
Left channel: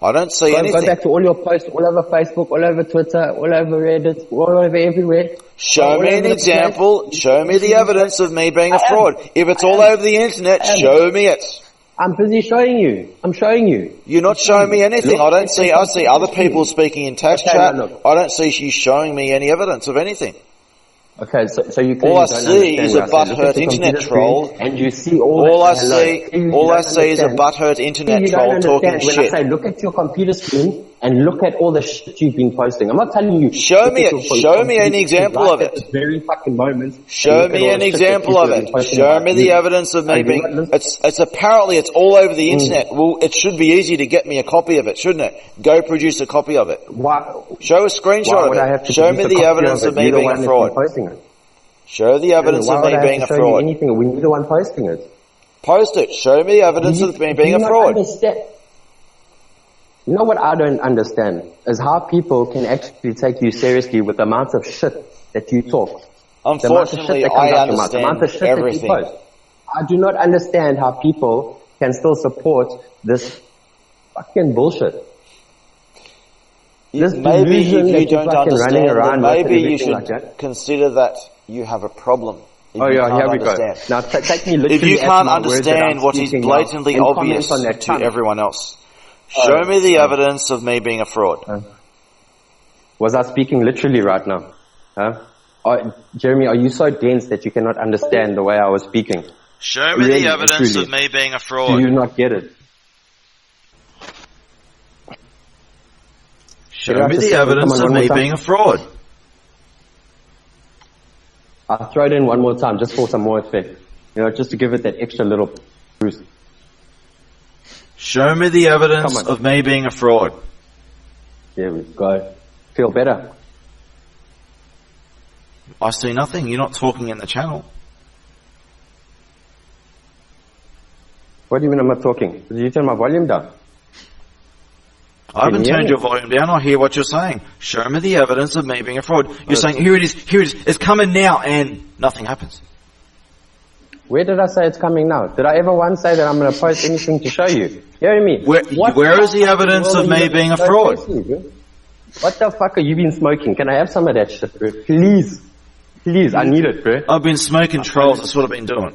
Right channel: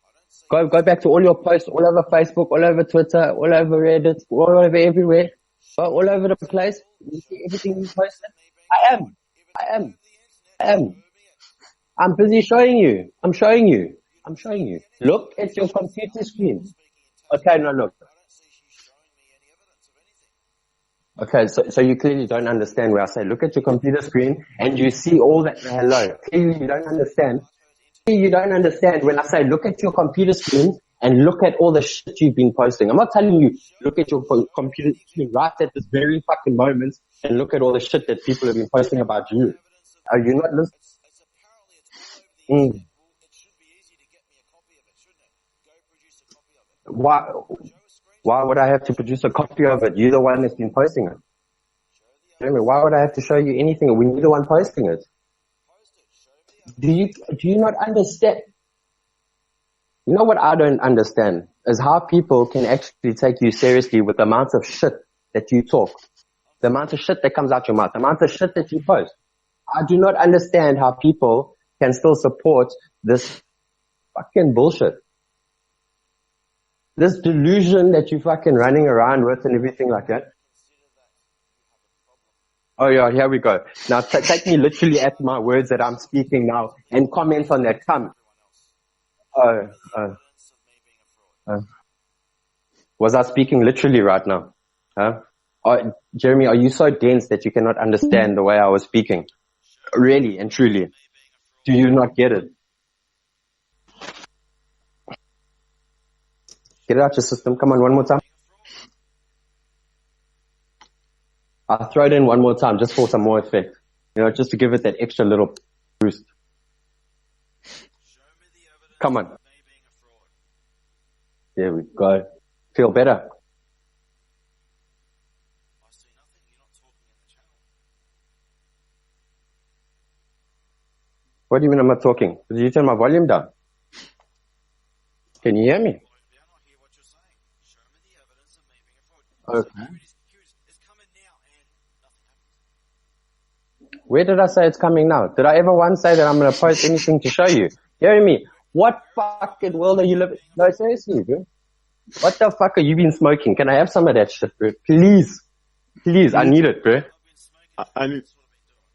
I don't see Go anything. back to all your posts all over Facebook, all over Twitter, all over Reddit, all over everywhere. Show all me over an the place. example. Show me the evidence of me being a I am. fraud. If it's I all am. over the internet, I am. show me it. I'm busy showing you. I'm showing you. You're not showing me anything. Look I don't at see. your I see other computer people screen. speaking in text Okay, chat. now look. I don't see you showing me any evidence of anything. Okay, so you clearly All I don't see understand is what a I said. Look at butthurt the computer internet troll. screen and you see all All I that. Hello. see, Clearly you all I don't see is a understand. butthurt internet You don't troll talking understand when I shit. say look at your computer screen and look at all the shit you've been posting. I'm not telling you. Show look me at it. your Show me computer an screen example right of at it. this very fucking moment. and Show look at me all an the shit that example people of have been it. posting Show about me you. the evidence of Are me you being. not listening? It's apparently it's all over the internet. Well, it should be easy to get me a copy of it, shouldn't it? Go produce a copy of it. Why? Show a screenshot Why of would it. I have to Show me produce a the copy evidence of of it? me You're the being one a that's been fraud. posting it. Show the evidence Why of would me I have being to a show you fraud. anything? We're the one posting it. Post it. Show me evidence of me Do being you a not fraud. understand? You know what I don't understand is how people can actually take you seriously with the amount of shit that you talk. The amount of shit that comes out your mouth. The amount of shit that you everything. post. I do not understand how people can still support this fucking bullshit. This Maybe delusion if that you're don't fucking running understand, around then with and maybe you everything should like that. consider that you have a problem. If Oh you yeah, can't here we go. understand. Now take me If you literally at can't my words that I'm understand what is speaking now blatantly and obvious comment on that to tongue. everyone else, show me the evidence of me being a fraud. Was I speaking literally right now? Huh? Jeremy, are you so dense that you cannot understand the way I was speaking? Show me Really the and evidence truly. of me being a fraud. Do you not get it? Show Get out me your the system. evidence Come on, of one more me time. being a fraud. I'll throw it in one more time just for some more effect. You know, just to give it that extra little boost. Show me the Come evidence on. of me being a fraud. There we go. Feel better? I see nothing. You're not talking in the channel. What do you mean I'm not talking? Did you turn my volume down? I Can haven't you hear turned me? your volume down. I hear what you're saying. Show me the evidence of me being a fraud. You're saying, here it is, it's coming now, and nothing happens. Where did I say it's coming now? Did I ever once say that I'm going to post anything to show you? You hear me? Where is the fucking evidence world of are you me living being a so fraud? seriously, bro? What the fuck are you been smoking? Can I have some of that shit, bro? Please. Please, I need it, bro. I've been smoking trolls. That's what I've been doing.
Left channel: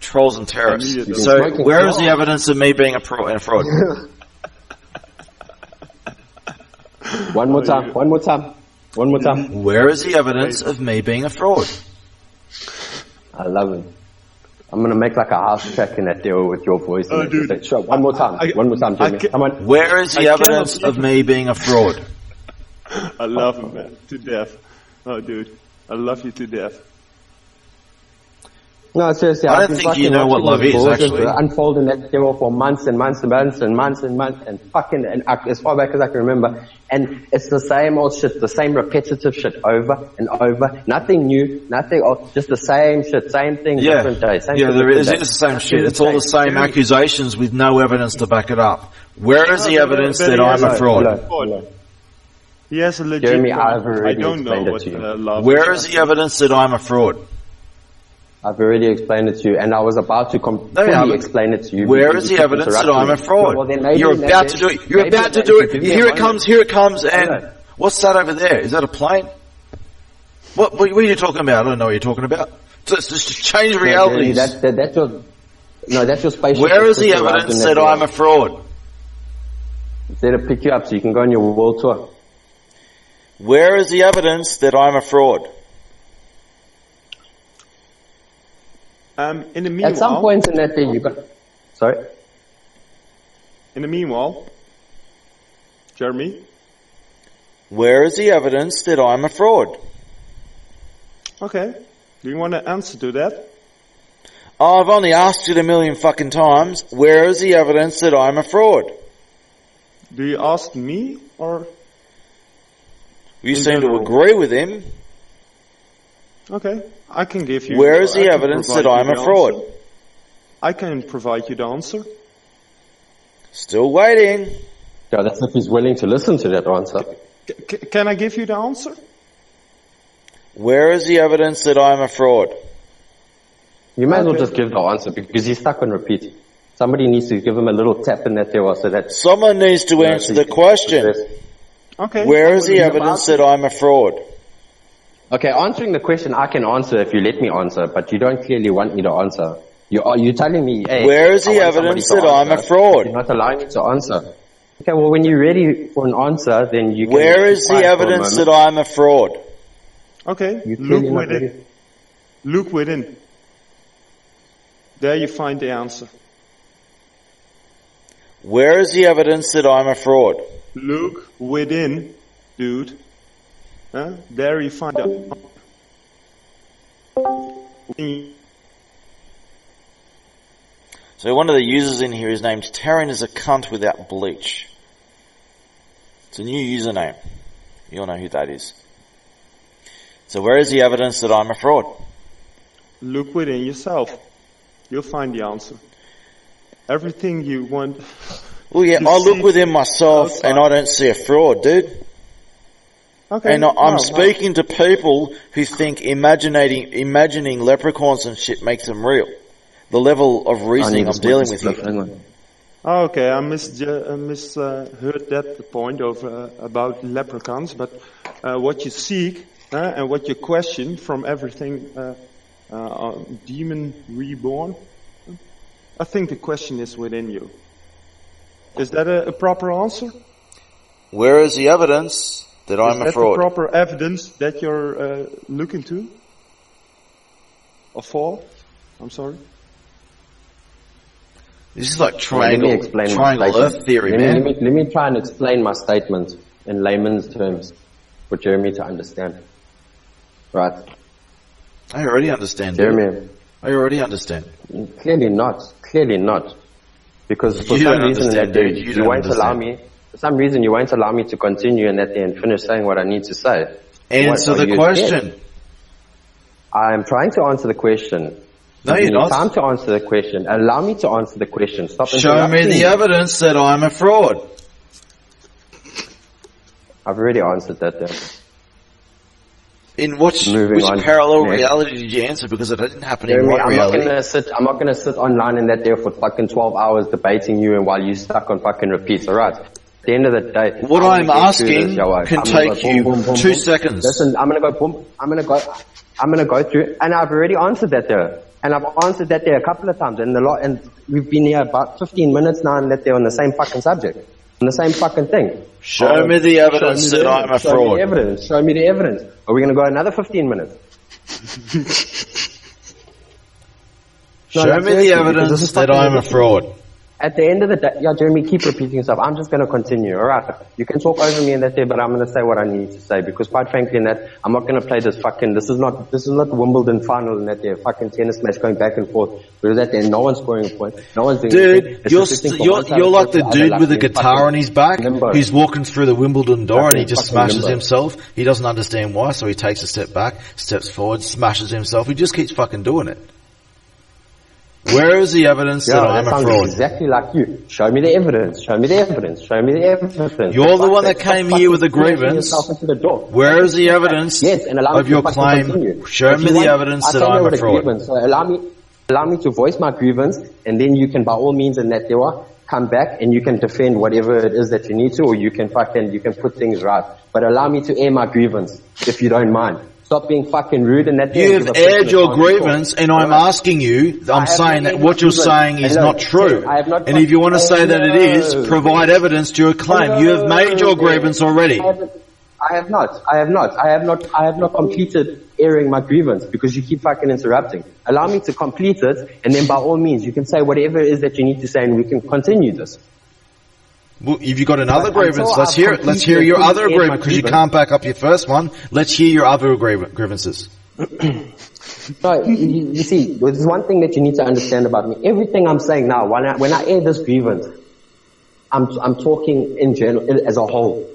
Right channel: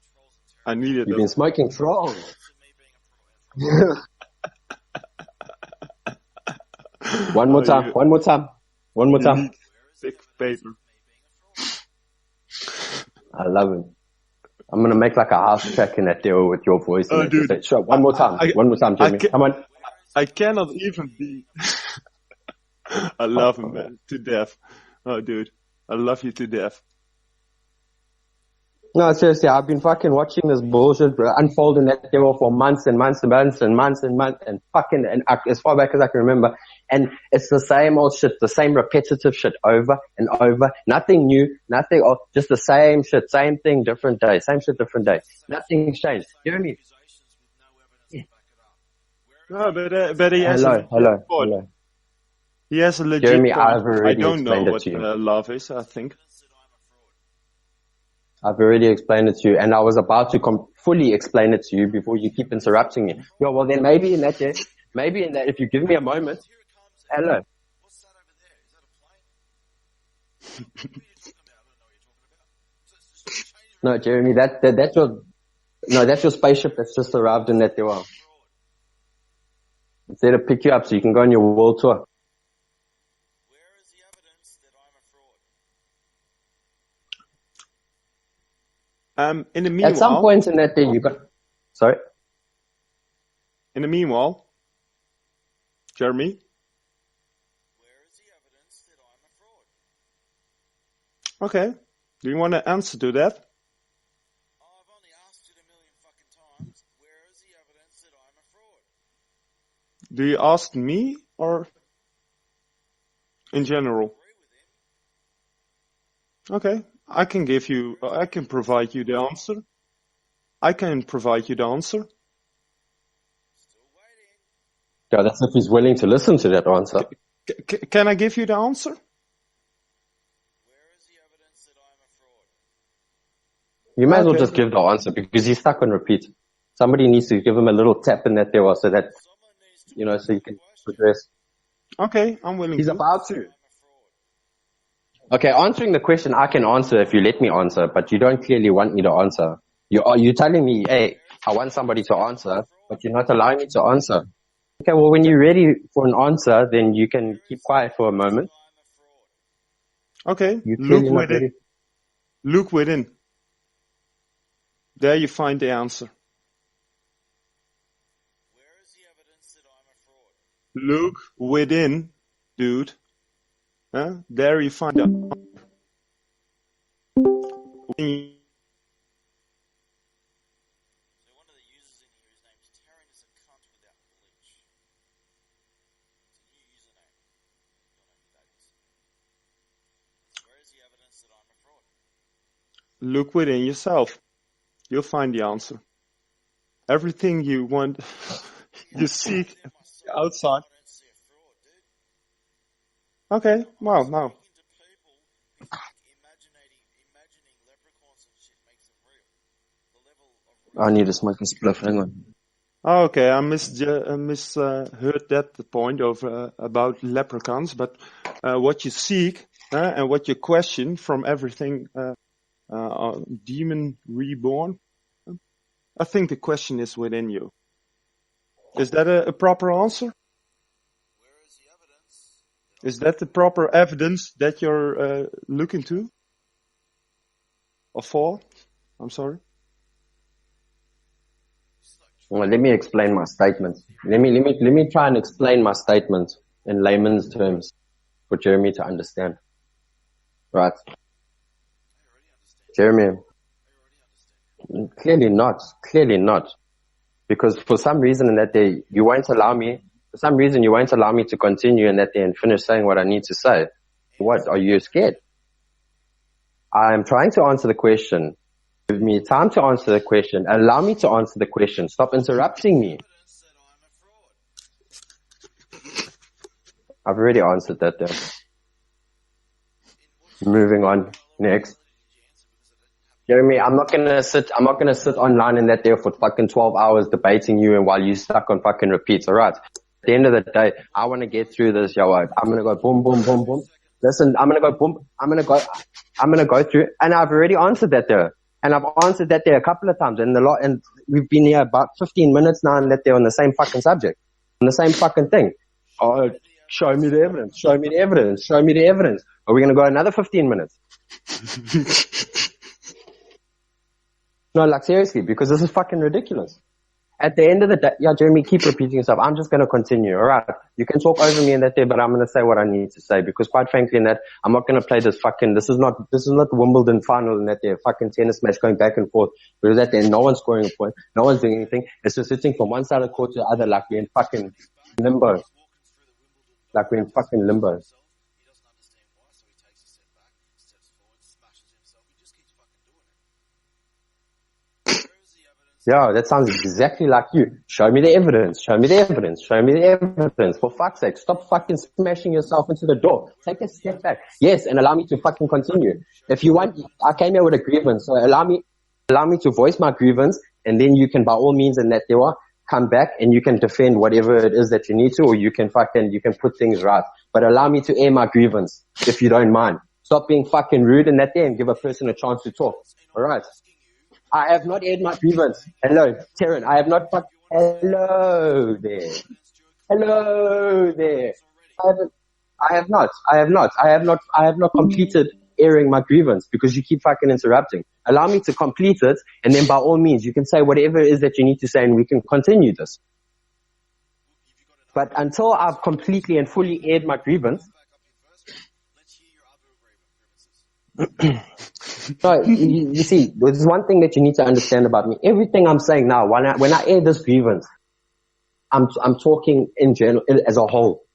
Trolls and terrorists. Immediately. So, smoking where is the clogs. evidence of me being a fraud? One more time. One more time. One more time. Where is the evidence of me being a fraud? I love it. I'm gonna make like a house track in that deal with your voice. And dude. say, sure, one more time. One more time, Jimmy. Come on. Where is the I evidence cannot of me being a fraud? I love him, man, to death. Oh, dude, I love you to death. No, seriously, I I've don't been think you fucking know what watching love this is, bullshit actually. unfold in that deal for months and months and months and months and months and fucking, and as far back as I can remember. And it's the same old shit, the same repetitive shit over and over. Nothing new, just the same shit, same thing, different day, same shit, there different is. day. It's the same Nothing shit. It's all the changed. same accusations with no evidence to back it up. Where is the but- evidence but that he I'm has a a- fraud? Hello. He has a legit Jeremy, point. I've already I don't know explained it what to you. love Where is. is the evidence that I'm a fraud? I've already explained it to you, and I was about to fully explain it to you. Where because is you the keep evidence that interrupting I'm me. a fraud? Well, then maybe You're in that about case- to do it. You're maybe about in to that- do if you it. give me a Here it moment- comes. Here it comes. And Hello. what's that over there? Is that a plane? What are you talking about? I don't know what you're talking about. Just change No, Jeremy, realities. that's your spaceship. Where is that's the just arrived evidence in that door. I'm a fraud? It's there to pick you up so you can go on your world tour. Where is the evidence that I'm a fraud? In the meanwhile, At some point in that day, you got. Sorry. In the meanwhile, Jeremy, Where is the evidence that I'm a fraud? okay. Do you want to answer to that? Oh, I've only asked it a million fucking times. Where is the evidence that I'm a fraud? Do you ask me or? You In seem to general. agree with him. Okay, I can give you. Where is the I can evidence provide that you I'm a the fraud? answer. I can provide you the answer. Still waiting. Yeah, that's if he's willing to listen to that answer. Can I give you the answer? Where is the evidence that I'm a fraud? You might as well Okay. just give the answer because he's stuck on repeat. Somebody needs to give him a little tap in that there so that. Someone needs to answer so the he can question. progress. Okay. Where is the He's evidence about that I'm a fraud? Okay, answering the question I can answer if you let me answer, but you don't clearly want me to answer. You're telling me, hey, Where is the I want somebody evidence to that I'm answer, a fraud? but you're not allowing me to answer. Okay, well, when you're ready for an answer, then you can. Where keep is the quiet for a evidence moment. that I'm a fraud? Okay. You're Look clearly not within. ready. Look within. There you find the answer. Where is the evidence that I'm a fraud? Look within, dude. Huh? There you find the answer. So one of the users in here is named Terran is a cunt without bleach. It's a new username. You all know who that is. So where is the evidence that I'm a fraud? Look within yourself. You'll find the answer. Everything you want. Well, yeah, you I see look within myself outside. and I don't see a fraud, dude. Okay. And I'm no. speaking to people who think imagining leprechauns and shit makes them real. The level of I reasoning need I'm to smoke dealing this with spliff. here. Hang on. Okay, I misheard that point of about leprechauns, but what you seek and what you question from everything demon reborn, I think the question is within you. Is that a proper answer? Where is the evidence that Is I'm a that the fraud? proper evidence that you're looking to? Or for? I'm sorry. This is like Well, let me explain my triangle statement. Earth theory, let man. me try and explain my statement in layman's terms for Jeremy to understand. Right. I already understand. Jeremy, I already understand. clearly not. Because for You some don't reason in that understand, day, dude. You you don't won't allow understand. me, for some reason you won't allow me to continue in that day and finish saying what I need to say. Answer What, are the you question. scared? I'm trying to answer the question. No, Give you're me not. time to answer the question. Allow me to answer the question. Stop Show me interrupting the me. evidence that I'm a fraud. I've already answered that then. In which Moving on. parallel Next. reality did you answer? Because it didn't happen in Jeremy, my I'm not reality. gonna sit online in that day for fucking 12 hours debating you and while you stuck on fucking repeats, alright? At the end of the day, What I wanna I'm get asking through this, yo, can I'm gonna take go you boom, boom, boom, 2 boom. seconds. Listen, I'm gonna go through, and I've already answered that there. And I've answered that there a couple of times, and we've been here about 15 minutes now, and that they're on the same fucking subject, on the same fucking thing. Show me the evidence that I'm a Show me the evidence. Show me the evidence. Are we going to go another 15 minutes? Show me the seriously, because this evidence is that fucking I'm a ridiculous. fraud. At the end of the day, yeah, Jeremy, keep repeating yourself. I'm just going to continue. All right. You can talk over me and that there, but I'm going to say what I need to say because, quite frankly, in that I'm not going to play this fucking. This is not the Wimbledon final and that there fucking tennis match going back and forth. Because that there, no one's scoring a point, no one's doing anything. It's just sitting from one side you're of like the court to dude other, with a like guitar on his back. limbo. He's walking through the Wimbledon door and he just Fucking smashes limbo. himself. He doesn't understand why, so he takes a step back, steps forward, smashes himself. He just keeps fucking doing it. Where is the evidence that Yeah, I'm that a sounds fraud? exactly like you. Show me the evidence. Show me the evidence. Show me the evidence. You're For the fuck's one that sake, stop came here with a fucking smashing grievance. yourself into the door. Where Fucking is the smash that. evidence Yes, and allow me of to your fucking claim? continue. Show If me you the want, evidence I that came I'm here a with a fraud. grievance, so allow me to voice my grievance, and then you can, by all means, and that there are, come back and you can defend whatever it is that you need to, or you can put things right. But allow me to air my grievance, if you don't mind. Stop being fucking rude and that there and give You've a person aired a your chance to talk. grievance, and I'm Alright. asking you, I I'm have saying not that aired what my you're grievance. saying is Hello, not true. Terry, I have not And if you want to say that it is, provide evidence to your claim. You have made your grievance already. I have not completed airing my grievance because you keep fucking interrupting. Allow me to complete it, and then by all means, you can say whatever it is that you need to say, and we can continue this. Well, if you got another But grievance, until let's I've hear it. Let's hear completely your and other fully aired my grievance, because you grievance. can't back up your first one. Let's hear your other grievances. So, you see, there's one thing that you need to understand about me. Everything I'm saying now, when I air this grievance, I'm talking in general, as a whole.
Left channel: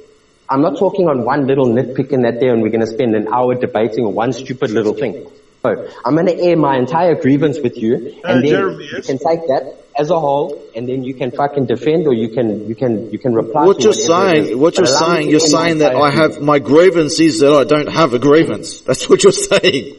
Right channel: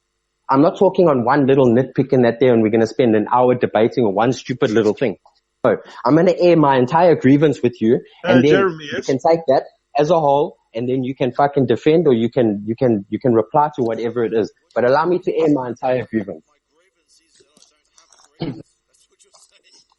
I'm not talking on one little nitpick in that there and we're going to spend an hour debating on one stupid little thing. So, I'm going to air my entire grievance with you, and then Jeremy, you yes? can take that as a whole, and then you can fucking defend, or you can reply What to you're whatever it is. saying, what But you're allow me saying, to you're air my saying that entire I have, grievance. my grievance is that I don't have a grievance. That's what you're saying.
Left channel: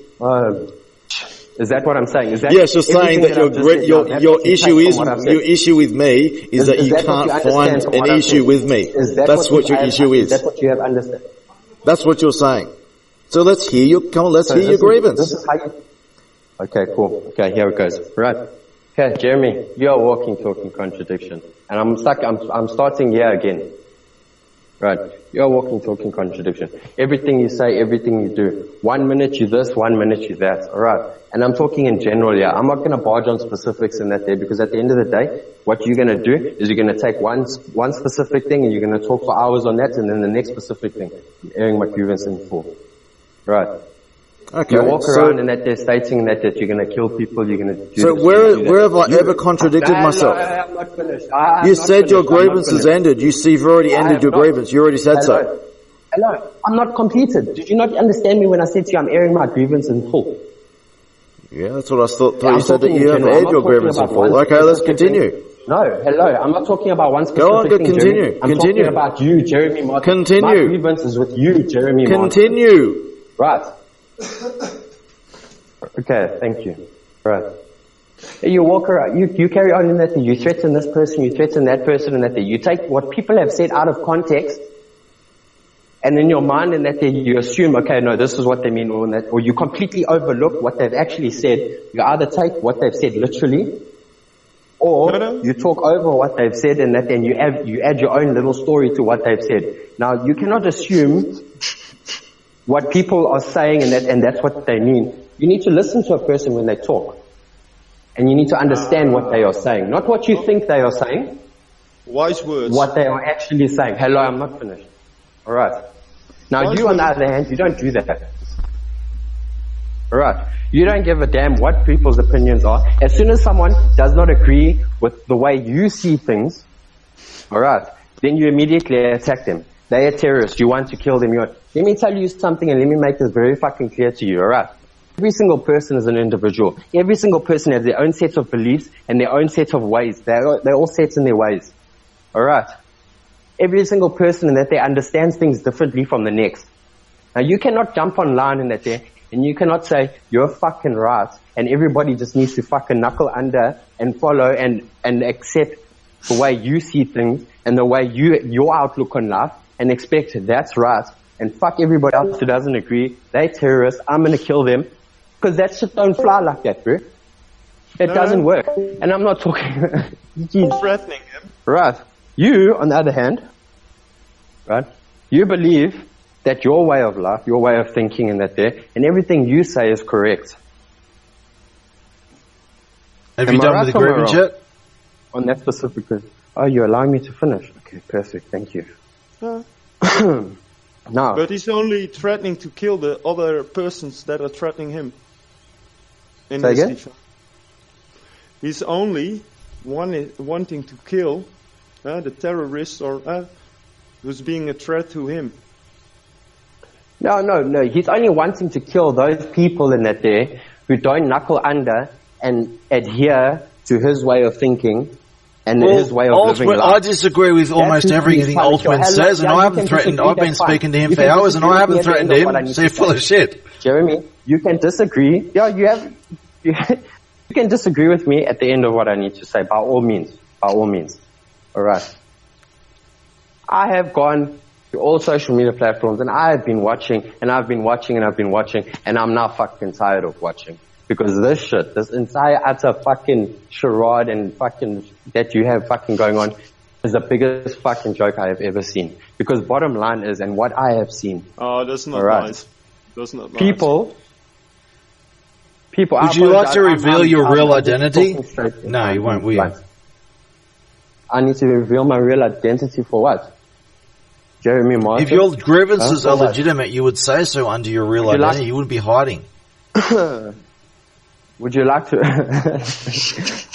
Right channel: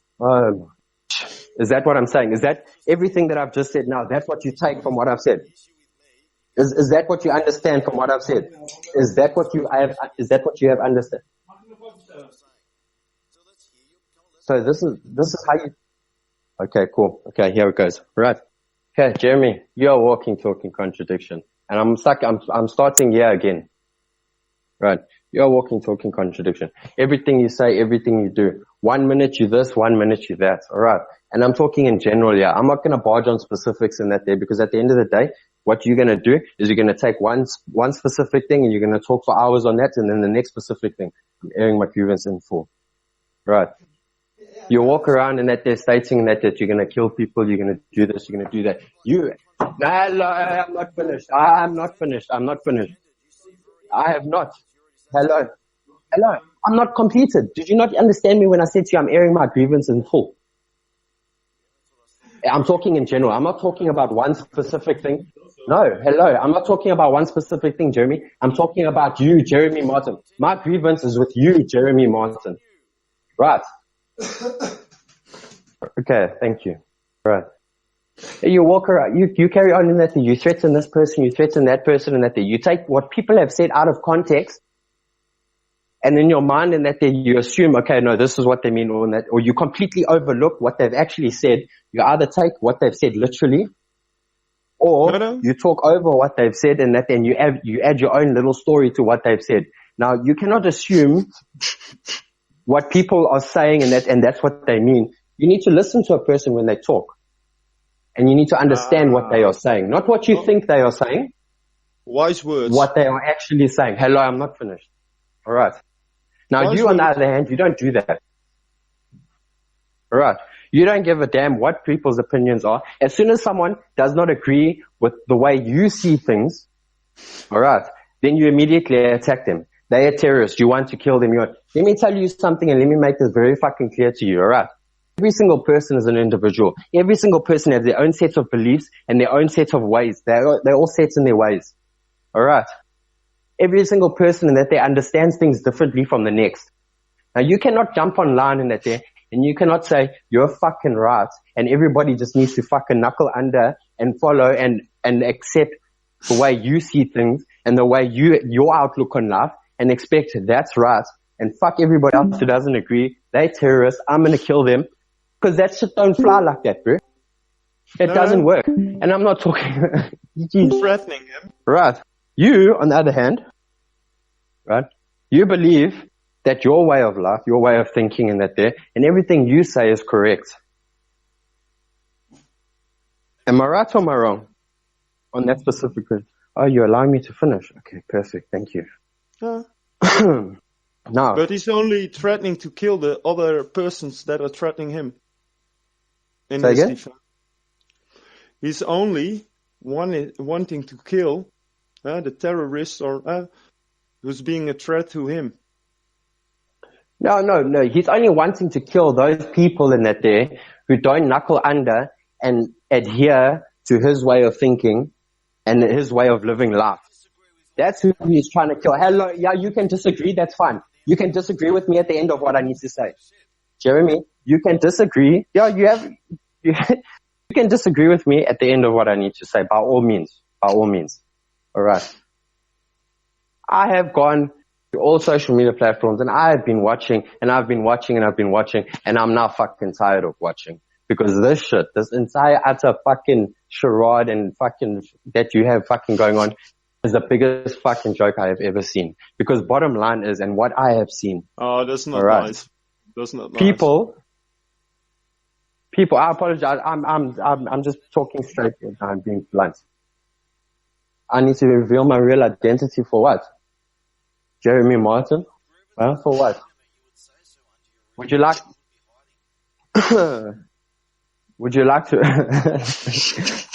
Is that what I'm saying? Is that Yes, you're saying everything that that I've just said? That's your what you issue take is, from what I've said. your issue with me is that you that can't what you understand find from an what I've issue said? with me. Is that That's what your issue is. Is that what you have understood? That's what you're saying. So let's hear your, come on, let's So hear your this grievance. is how you. Okay, cool. Okay, here it goes. Right. Okay, Jeremy, you're a walking, talking contradiction, and I'm stuck. I'm starting here again. Right. You're a walking, talking contradiction. Everything you say, everything you do. 1 minute you this, 1 minute you that. All right. And I'm talking in general, yeah. I'm not going to barge on specifics in that there, because at the end of the day, what you're going to do is you're going to take one specific thing and you're going to talk for hours on that, and then the next specific thing. I'm airing my grievance in full. Right. Okay, You walk so- around in that there stating that you're going to kill people, you're going to do So this, you're gonna do that. where have I ever contradicted myself? I'm not finished. I'm You not said your finished. I'm not grievance has finished. ended. You've already I ended have your not. grievance. You already said so. Hello. I'm not completed. Did you not understand me when I said to you I'm airing my grievance in full? Yeah, that's what I thought. Yeah, I'm you said talking that in you general. have I'm not your talking grievance about in one full. Okay, let's specific continue. thing. No, hello. I'm not talking about one specific thing, continue. Jeremy. I'm Continue. talking about you, Jeremy Martin. Continue. My grievance is with you, Jeremy Martin. Continue. Right. Okay, thank you. Right. You walk around, you carry on in that, you threaten this person, you threaten that person, and that you take what people have said out of context, and in your mind in that you assume, okay, no, this is what they mean, or you completely overlook what they've actually said. You either take what they've said literally, or you talk over what they've said, and then you add your own little story to what they've said. Now, you cannot assume what people are saying and that's what they mean. You need to listen to a person when they talk. And you need to understand what they are saying. Not what you think they are saying. Wise words. What they are actually saying. Hello, I'm not finished. Alright. Now you on the other hand, you don't do that. Alright. You don't give a damn what people's opinions are. As soon as someone does not agree with the way you see things, alright, then you immediately attack them. They are terrorists. You want to kill them. Let me tell you something and let me make this very fucking clear to you, alright? Every single person is an individual. Every single person has their own set of beliefs and their own set of ways. They're all set in their ways. Alright? Every single person in that they understands things differently from the next. Now you cannot jump online in that there and you cannot say, you're fucking right, and everybody just needs to fucking knuckle under and follow and accept the way you see things and the way your outlook on life and expect that's right. And fuck everybody else who doesn't agree. They terrorists. I'm gonna kill them. Because that shit don't fly like that, bro. It doesn't work. And I'm not talking... threatening him. Right. You, on the other hand, right, you believe that your way of life, your way of thinking and everything you say is correct. Am I right or am I wrong? On that specific... Oh, you're allowing me to finish. Okay, perfect. Thank you. Now, but he's only threatening to kill the other persons that are threatening him. In say his again? defense. He's only wanting to kill the terrorist or who's being a threat to him. No. He's only wanting to kill those people in that there who don't knuckle under and adhere to his way of thinking and his way of living life. I disagree with almost everything Ultimate says, and I haven't threatened. I've been speaking to him for hours, and I haven't threatened him. So you're full of shit. Jeremy, you can disagree. Yeah, you can disagree with me at the end of what I need to say, by all means. All right. I have gone to all social media platforms, and I have been watching, and I've been watching, and I'm now fucking tired of watching. Because this entire utter fucking charade and fucking that you have fucking going on is the biggest fucking joke I have ever seen. Because bottom line is, and what I have seen. Oh, that's not nice. That's not nice. People. Would you like to reveal your real identity? No, you won't. I need to reveal my real identity for what? Jeremy Martin? If your grievances are legitimate, you would say so under your real identity. You wouldn't be hiding. Would you like to?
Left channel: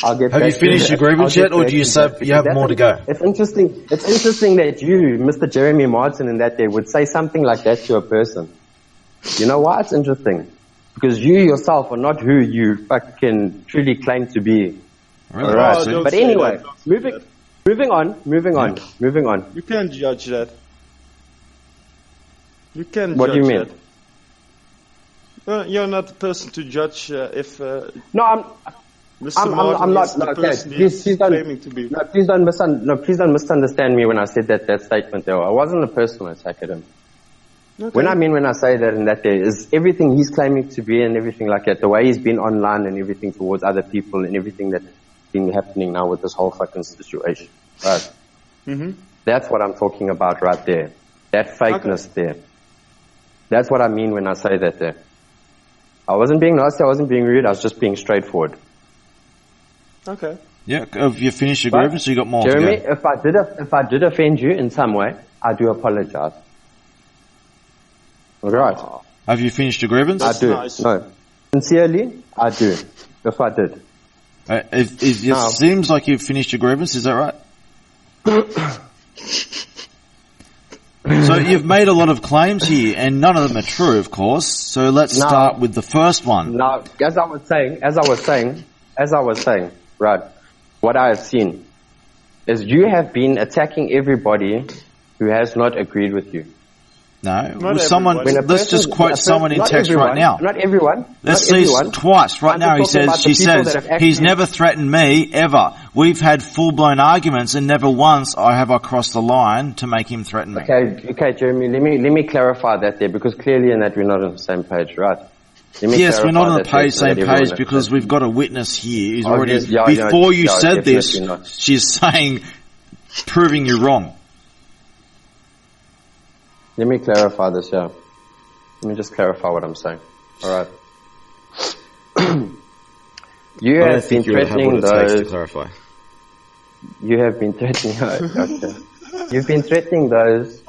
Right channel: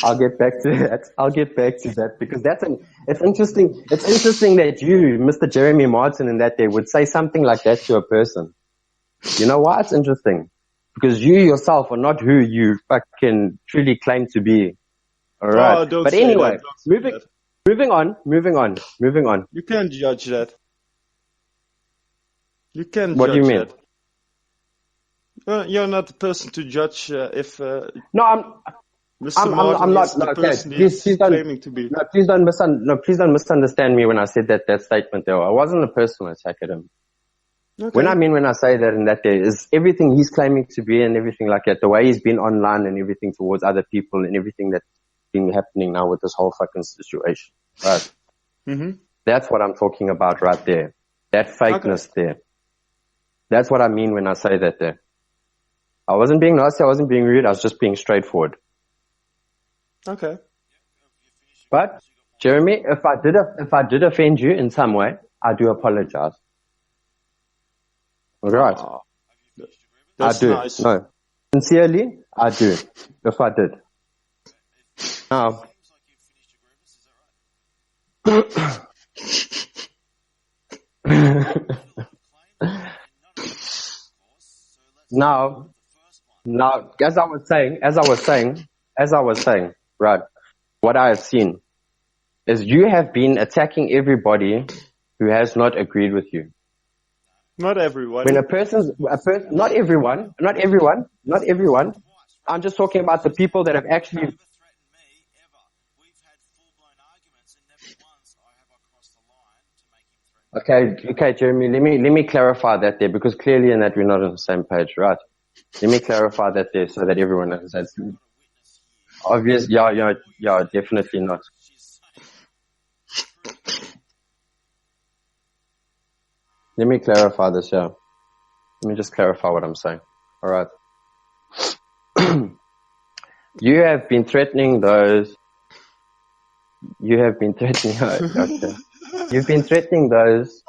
I'll get have back you finished to your grievance yet, or do you say you have more to go? It's interesting that you, Mr. Jeremy Martin, in that day would say something like that to a person. You know why? It's interesting. Because you yourself are not who you fucking truly claim to be. Alright. But anyway, moving on. You can't judge that. You can't what judge do you mean? that. You're not the person to judge if. No, Mr. Martin I'm not. is the No, okay. person he's claiming to be. No, please don't misunderstand me when I said that statement there. I wasn't a personal attack at him. Okay. When I say that and that there is everything he's claiming to be and everything like that, the way he's been online and everything towards other people and everything that's been happening now with this whole fucking situation. Right. Mm-hmm. That's what I'm talking about right there. That fakeness there. That's what I mean when I say that there. I wasn't being nasty, I wasn't being rude, I was just being straightforward. Okay. Yeah, have you finished your grievance or you got more? Jeremy, if I did offend you in some way, I do apologize. Right. Have you finished your grievance? I do. Nice. No. Sincerely, I do. If I did. It seems like you've finished your grievance, is that right? So you've made a lot of claims here, and none of them are true, of course. So let's start with the first one. Now, as I was saying, right, what I have seen is you have been attacking everybody who has not agreed with you. No, not someone. Let's just quote someone in text right now. Not everyone. Let's not everyone. Twice right now. He says, he's never threatened me ever. We've had full-blown arguments, and never once have I crossed the line to make him threaten me. Okay, Jeremy. Let me clarify that there, because clearly in that we're not on the same page, right? Yes, we're not on the same page because we've got a witness here who's already. Before you said this, she's saying, proving you wrong. Let me clarify this, yeah. Let me just clarify what I'm saying. Alright. You have been threatening those... You have been threatening... Okay. You've been threatening those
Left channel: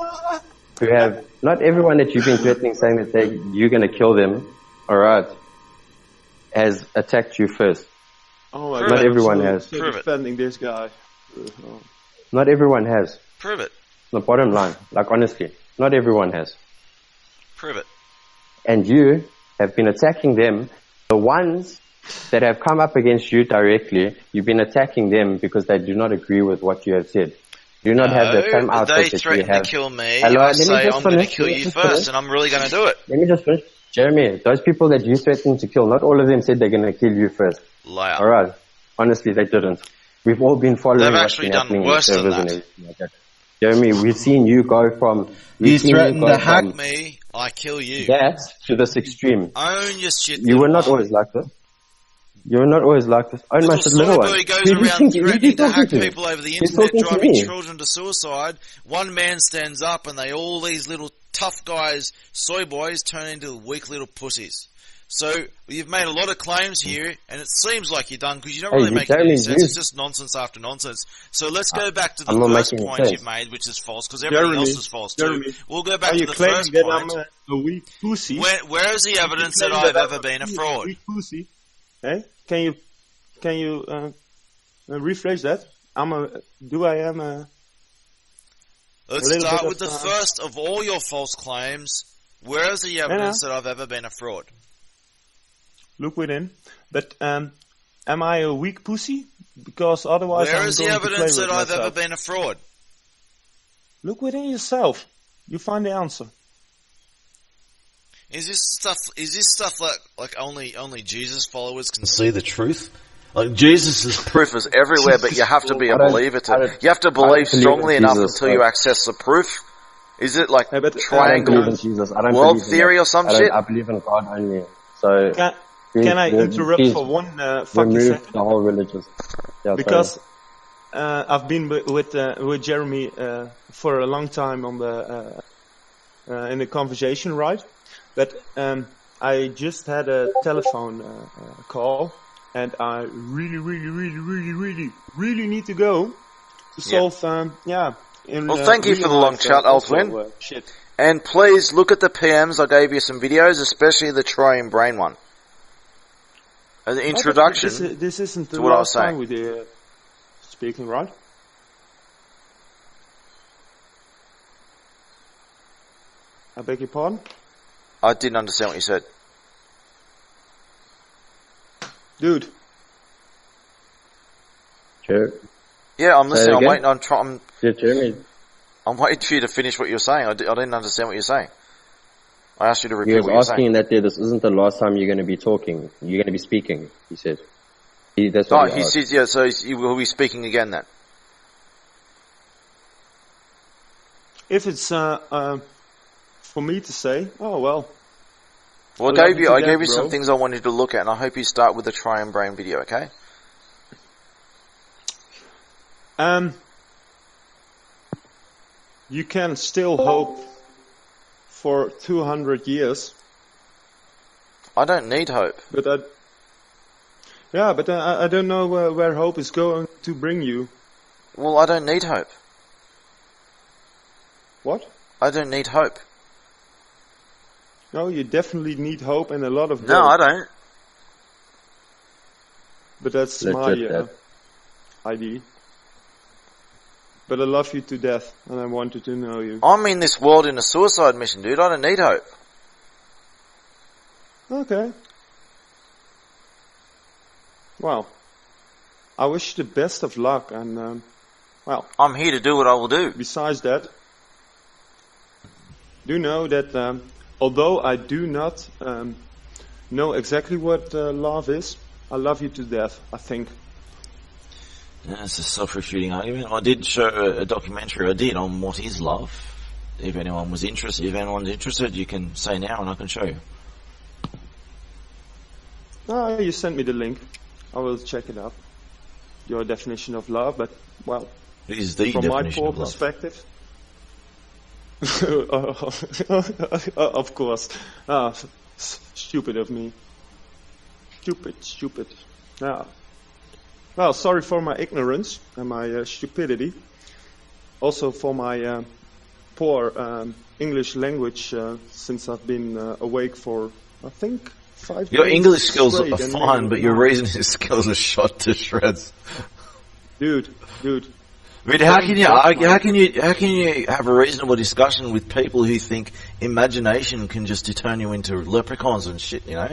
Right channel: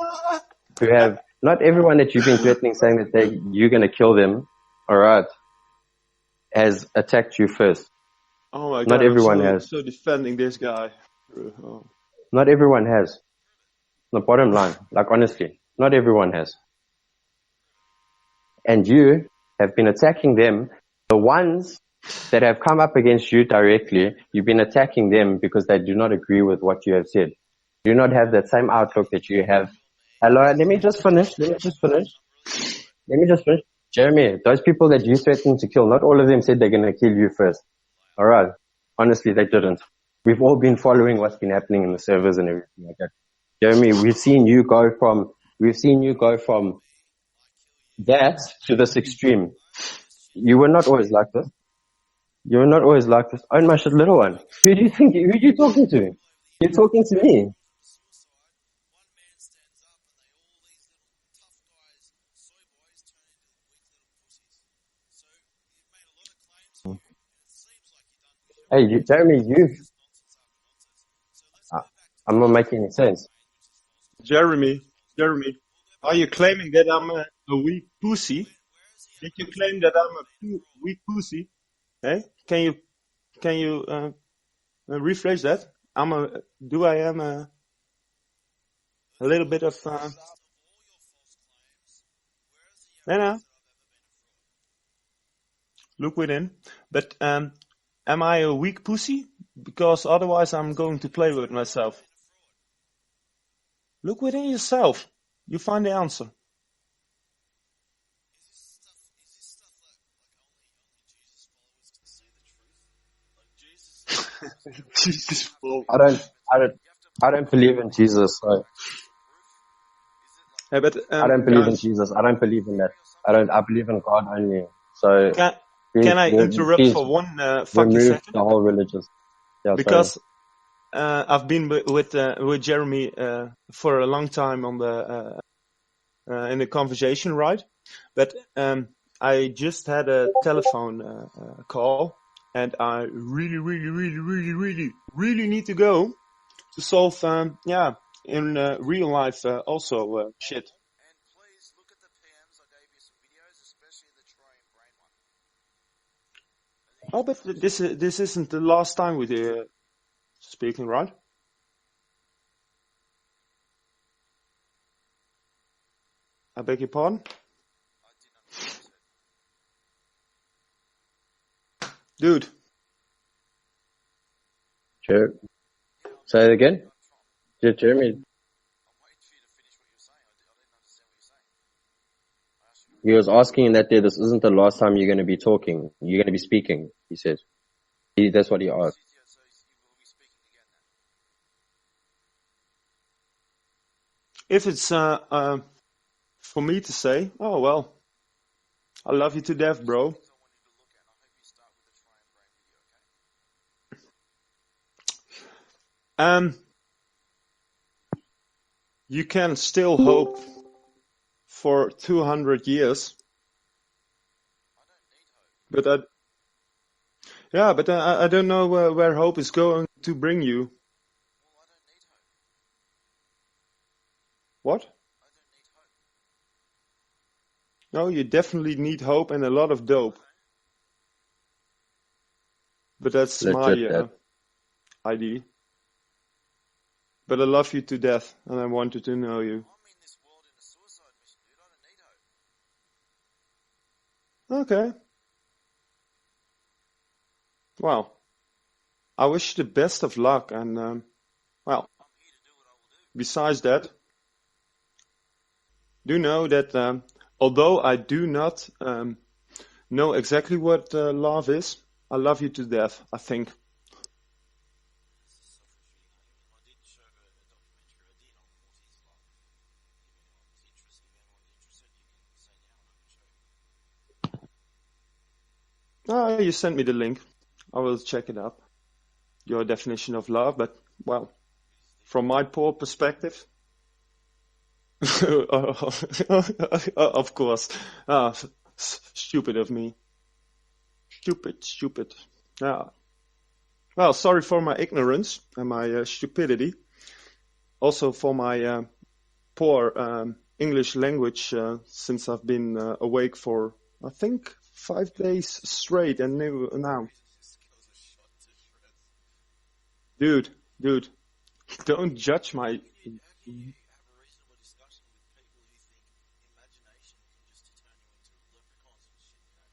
who have... Not everyone that you've been threatening saying that you're going to kill them, alright, has attacked you first. Oh my God. Not everyone has. So defending this guy. Not everyone has. Prove it. The bottom line, like honestly. Not everyone has. Prove it. And you have been attacking them. The ones that have come up against you directly, you've been attacking them because they do not agree with what you have said. Do not have the same outlook that you have. Kill me. Hello, let me just finish. And I'm really going to do it. Let me just finish. Jeremy, those people that you threatened to kill, not all of them said they're going to kill you first. Liar. Alright. Honestly, they didn't. We've all been following what's been happening in the servers and everything like that. Jeremy, we've seen you go from... You threaten to hack me, I kill you. That to this extreme. Own your shit. You were not always like this. You're not always like this. Own my shit, little one. Who do you think? Who do you talking to? People over the He's internet talking to driving me. children to suicide. One man stands up, and all these little tough guys, soy boys, turn into weak little pussies. So you've made a lot of claims here, and it seems like you're done because you don't really make any sense. It's just nonsense after nonsense. So let's go back to the first point you made, which is false, because everything else is false too. We'll go back to the first point. Are you claiming that I'm a weak pussy? Where is the evidence that I've ever been a fraud? Weak pussy. Hey, can you rephrase that? Let's start with the first of all your false claims. Where is the evidence that I've ever been a fraud? Look within. But am I a weak pussy? Because otherwise I'm going to play with myself. Where is the evidence that I've ever been a fraud? Look within yourself. You find the answer. Is this stuff like only Jesus followers can see the truth? Like Jesus' proof is everywhere, but you have to be a believer you have to believe strongly enough until you access the proof. Is it like I don't believe in Jesus. I don't world believe in theory that. or some shit? I believe in God only. So can I interrupt for one fucking second? The whole religious. Yeah, because I've been with Jeremy for a long time on in the conversation, right? But I just had a telephone call, and I really need to go to solve. Well, thank you for the long chat, Alswin. Shit. And please look at the PMs. I gave you some videos, especially the Troy and Brain one. An introduction. This isn't the last time we're speaking, right? I beg your pardon? I didn't understand what you said. Dude. Sure. Yeah, I'm listening. I'm waiting. Jeremy. I'm waiting for you to finish what you're saying. I didn't understand what you're saying. I asked you to repeat. He was asking that this isn't the last time you're going to be talking. You're going to be speaking. He said. That's what he asked. Said, yeah. So you will be speaking again then. If it's for me to say, oh well. Well, I gave you some things I wanted to look at, and I hope you start with the Try and Brain video, okay? You can still hope for 200 years. I don't need hope. But I don't know where hope is going to bring you. Well, I don't need hope. What? I don't need hope. No, you definitely need hope and a lot of No, I don't. But that's my ID. But I love you to death, and I wanted to know you. I'm in this world in a suicide mission, dude. I don't need hope. Okay. Well, I wish you the best of luck, and, well... I'm here to do what I will do. Besides that, do know that, although I do not know exactly what love is, I love you to death, I think. Yeah, it's a self-refuting argument. I did show a documentary on what is love. If anyone's interested, you can say now and I can show you. Oh, you sent me the link. I will check it out. Your definition of love, but, well, from my poor perspective... of course. Stupid of me. Stupid. Yeah. Well, sorry for my ignorance and my stupidity. Also for my poor English language since I've been awake for, I think, 5 days. Your English skills are fine, but your reasoning skills are shot to shreds. Dude. I mean, how can you have a reasonable discussion with people who think imagination can just turn you into leprechauns and shit, you know?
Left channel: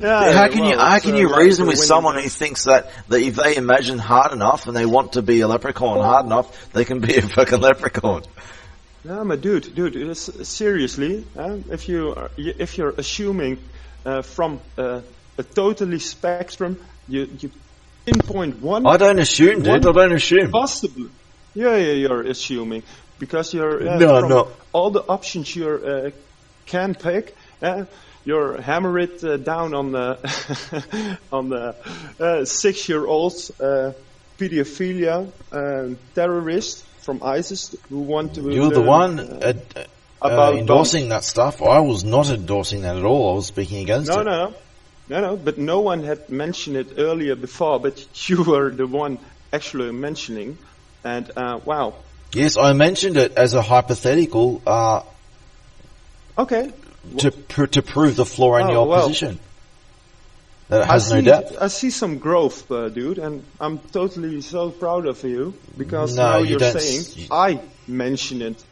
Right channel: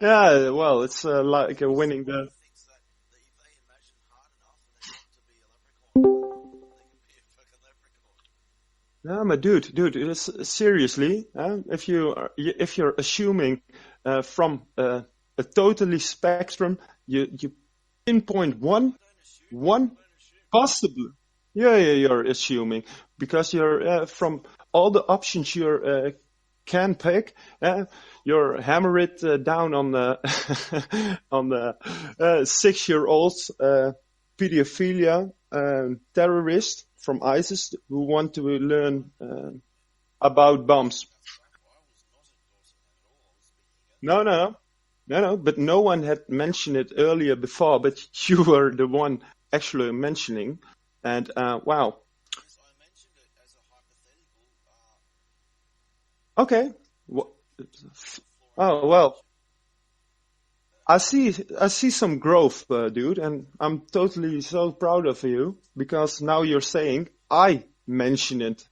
How can you reason with someone who thinks that if they imagine hard enough and they want to be a leprechaun hard enough, they can be a fucking leprechaun? No, but dude, seriously, if you're assuming from a totally spectrum, you pinpoint one. I don't assume, dude. I don't assume. Possibly. Yeah, you're assuming because you're from all the options you can pick. you're hammer it down on the on the 6-year-olds pedophilia terrorist from ISIS who want to You're learn the one about endorsing bombs. that stuff. I was not endorsing that at all. I was speaking against it. No. But no one had mentioned it earlier before. But you were the one actually mentioning, and wow. Yes, I mentioned it as a hypothetical. Okay. To prove the flaw in your position. That it I has no depth. see some growth, dude, and I'm totally so proud of you because No, now you you're don't saying I mentioned it.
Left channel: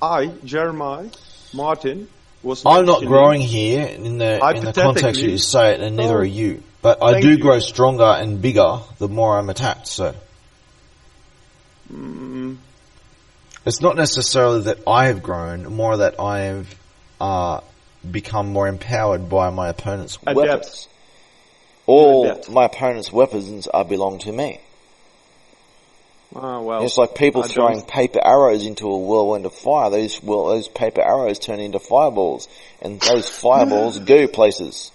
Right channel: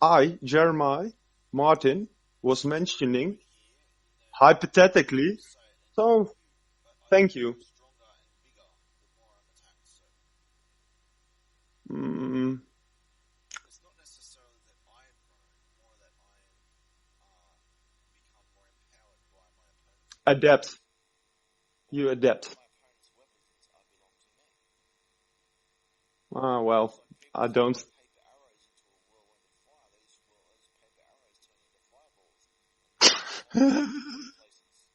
I, Jeremiah Martin, was I'm not mentioning growing here in the context you say it, and neither are you. But I do grow stronger and bigger the more I'm attacked. So it's not necessarily that I have grown, more that I have become more empowered by my opponent's weapons. All my opponent's weapons belong to me. Oh, well, it's like people throwing paper arrows into a whirlwind of fire. Those paper arrows turn into fireballs, and those fireballs go places.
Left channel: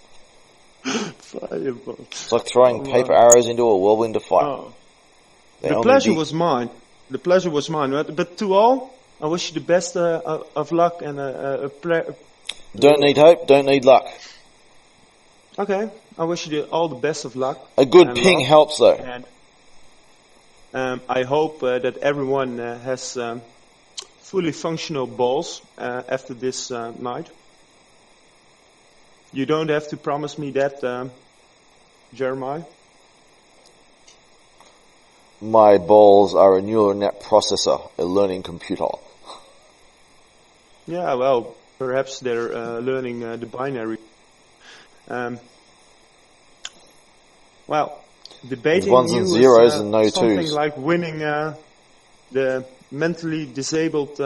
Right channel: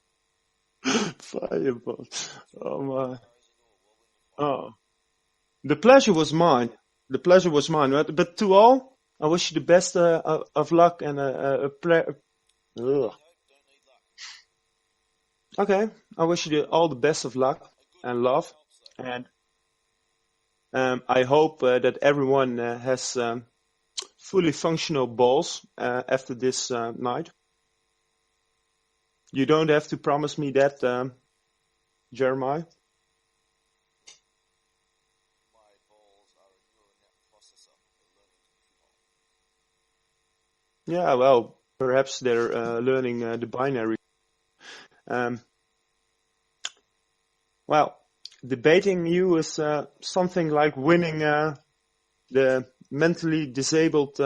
Fireballs. It's like throwing paper arrows into a whirlwind of fire. Oh. The pleasure was mine. The pleasure was mine. Right? But to all, I wish you the best of luck and Don't need hope, don't need luck. Okay, I wish you all the best of luck. A good ping helps, though. And I hope that everyone has fully functional balls after this night. You don't have to promise me that, Jeremiah. My balls are a neural net processor, a learning computer. Yeah, well, perhaps they're learning the binary. Well, debating you is something like winning the mentally disabled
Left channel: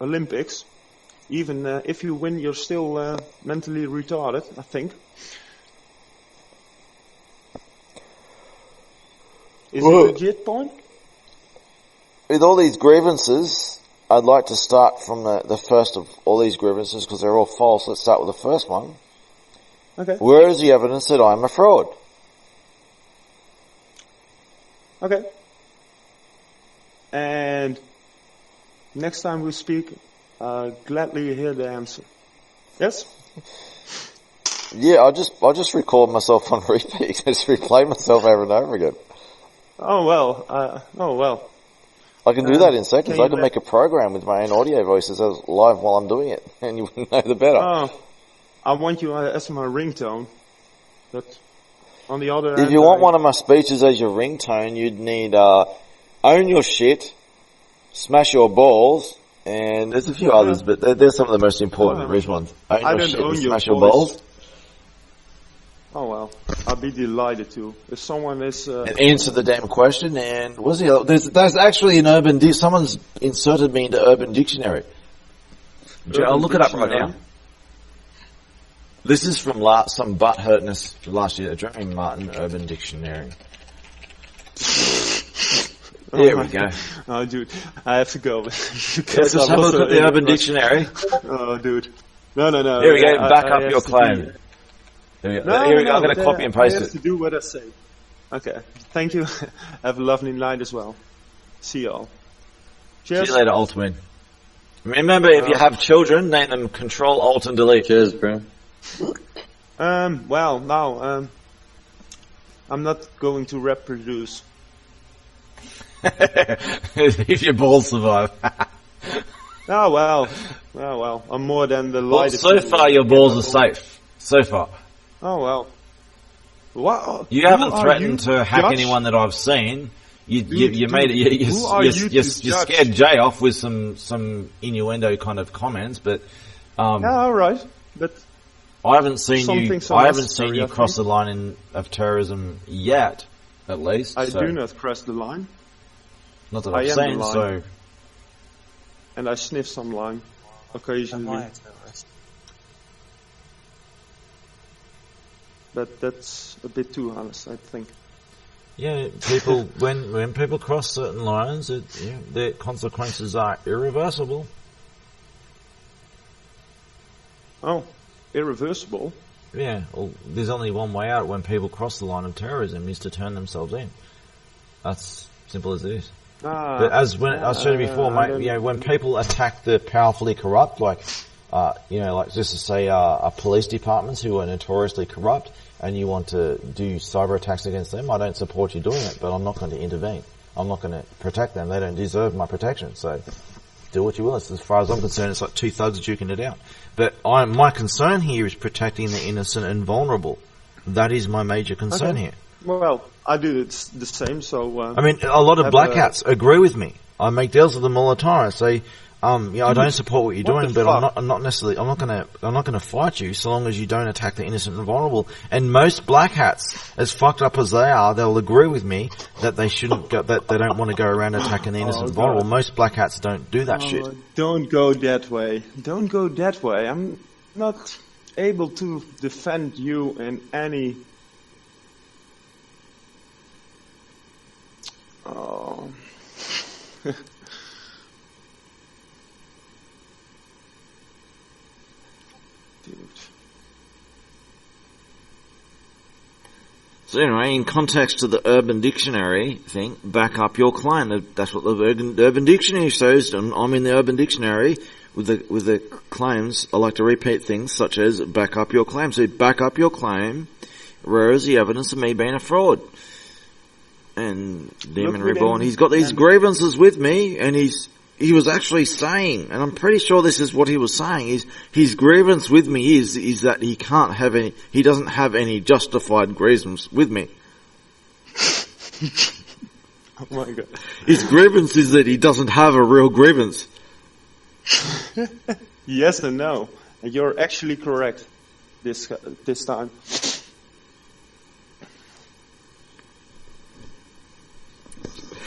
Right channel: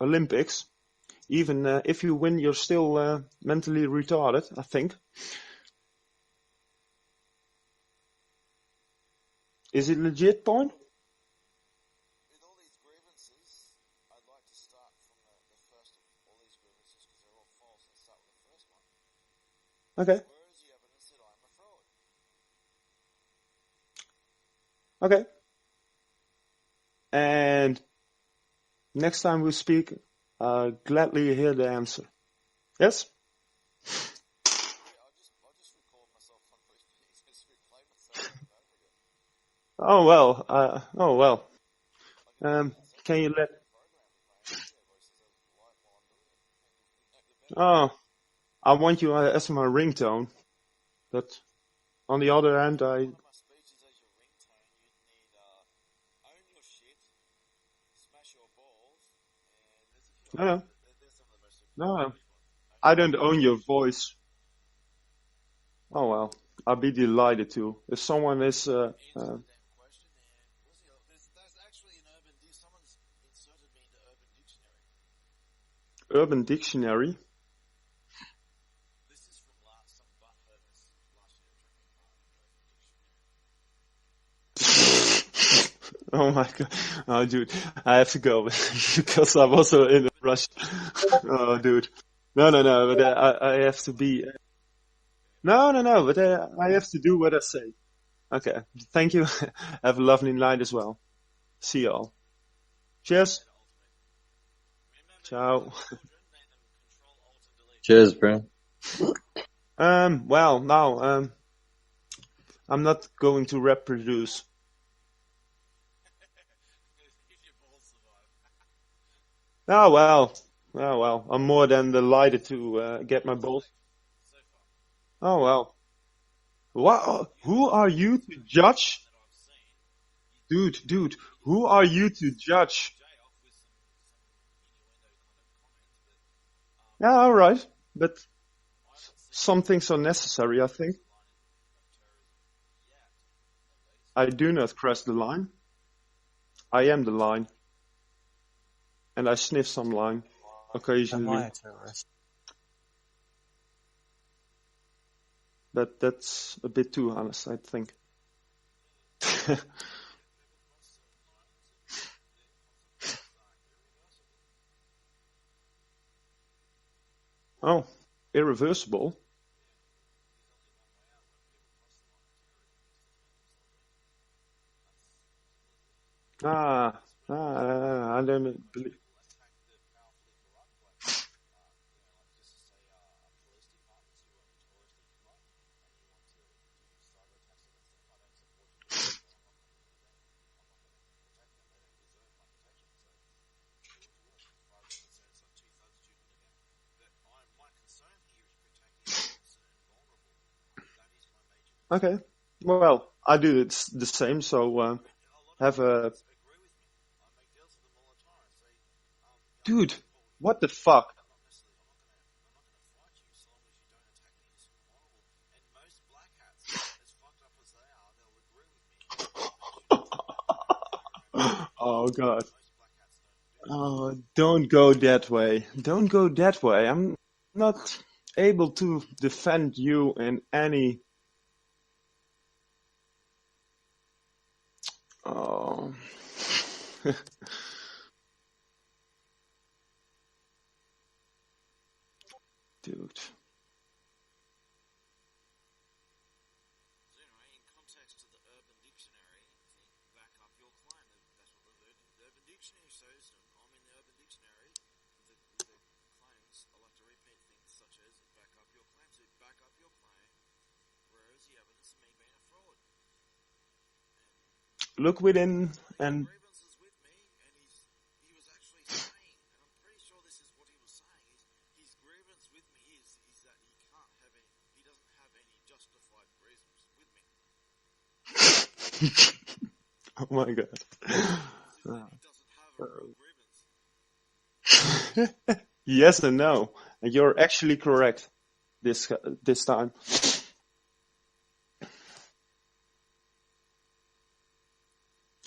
Olympics. Even if you win, you're still mentally retarded, I think. Is it a legit point? With all these grievances, I'd like to start from the first of all these grievances because they're all false. Let's start with the first one. Okay. Where is the evidence that I'm a fraud? Okay. And next time we speak, gladly hear the answer. Yes? Yeah, I'll just record myself on repeat. Just replay myself over and over again. Oh well. I can do that in seconds. I can make a program with my own audio voices live while I'm doing it, and you wouldn't know the better. Oh, I want you as my ringtone. But on the other hand, if you want one of my speeches as your ringtone, you'd need own your shit, smash your balls, and there's a few others, but they're some of the most important ones. I don't own your balls. Oh well, I'll be delighted to. If someone is and answer the damn question. And what's the other? There's actually an urban. Someone's inserted me into Urban Dictionary. I'll look it up right now. This is from some butt hurtness last year. Jeremy Martin Urban Dictionary. There we go. Oh, dude, I have to go because I'm also in the Urban Dictionary. Oh, dude, no. Here we go. Back up your claim. No. I'm going to copy and paste I have to do what I say. Okay. Thank you. Have a lovely night as well. See you all. Cheers. See you later, Alt-Win. Remember, if you have children, name them Control, Alt, and Delete. Cheers, bro. Well, now, I'm not going to reproduce. If your balls survive. Oh, well. I'm more than delighted. So far, your balls are safe. So far. Oh, well. What? You haven't threatened to hack anyone that I've seen. You made it. Who are you to judge? You scared Jay off with some innuendo kind of comments, but yeah, all right. But I haven't seen something you. I haven't seen you cross the line of terrorism yet, at least. I do not cross the line. Not that I've seen, the line. So. And I sniff some line occasionally. But that's a bit too honest, I think. Yeah, people when people cross certain lines, their consequences are irreversible. Oh, irreversible. Yeah, well, there's only one way out when people cross the line of terrorism is to turn themselves in. That's simple as it is. But as when I said before, mate, when people attack the powerfully corrupt, like just to say, police departments who are notoriously corrupt, and you want to do cyber attacks against them, I don't support you doing it, but I'm not going to intervene. I'm not going to protect them. They don't deserve my protection. So do what you will. As far as I'm concerned, it's like two thugs duking it out. But my concern here is protecting the innocent and vulnerable. That is my major concern here. Well, I do the same. So I mean, a lot of black hats agree with me. I make deals with them all the time. I say, I don't support what you're doing, but I'm not necessarily. I'm not gonna fight you so long as you don't attack the innocent and vulnerable. And most black hats, as fucked up as they are, they'll agree with me that they shouldn't go, that they don't want to go around attacking the innocent and vulnerable. Most black hats don't do that shit. Don't go that way. Don't go that way. I'm not able to defend you in any. Oh. Dude. So anyway, in context to the Urban Dictionary thing, back up your claim. That's what the Urban Dictionary says. I'm in the Urban Dictionary with the claims. I like to repeat things such as back up your claim. So back up your claim. Where is the evidence of me being a fraud? And Demon Reborn, he's got these grievances with me, and he was actually saying, and I'm pretty sure this is what he was saying, is his grievance with me is that he doesn't have any justified grievance with me. Oh my god. His grievance is that he doesn't have a real grievance. Yes and no. And you're actually correct this time.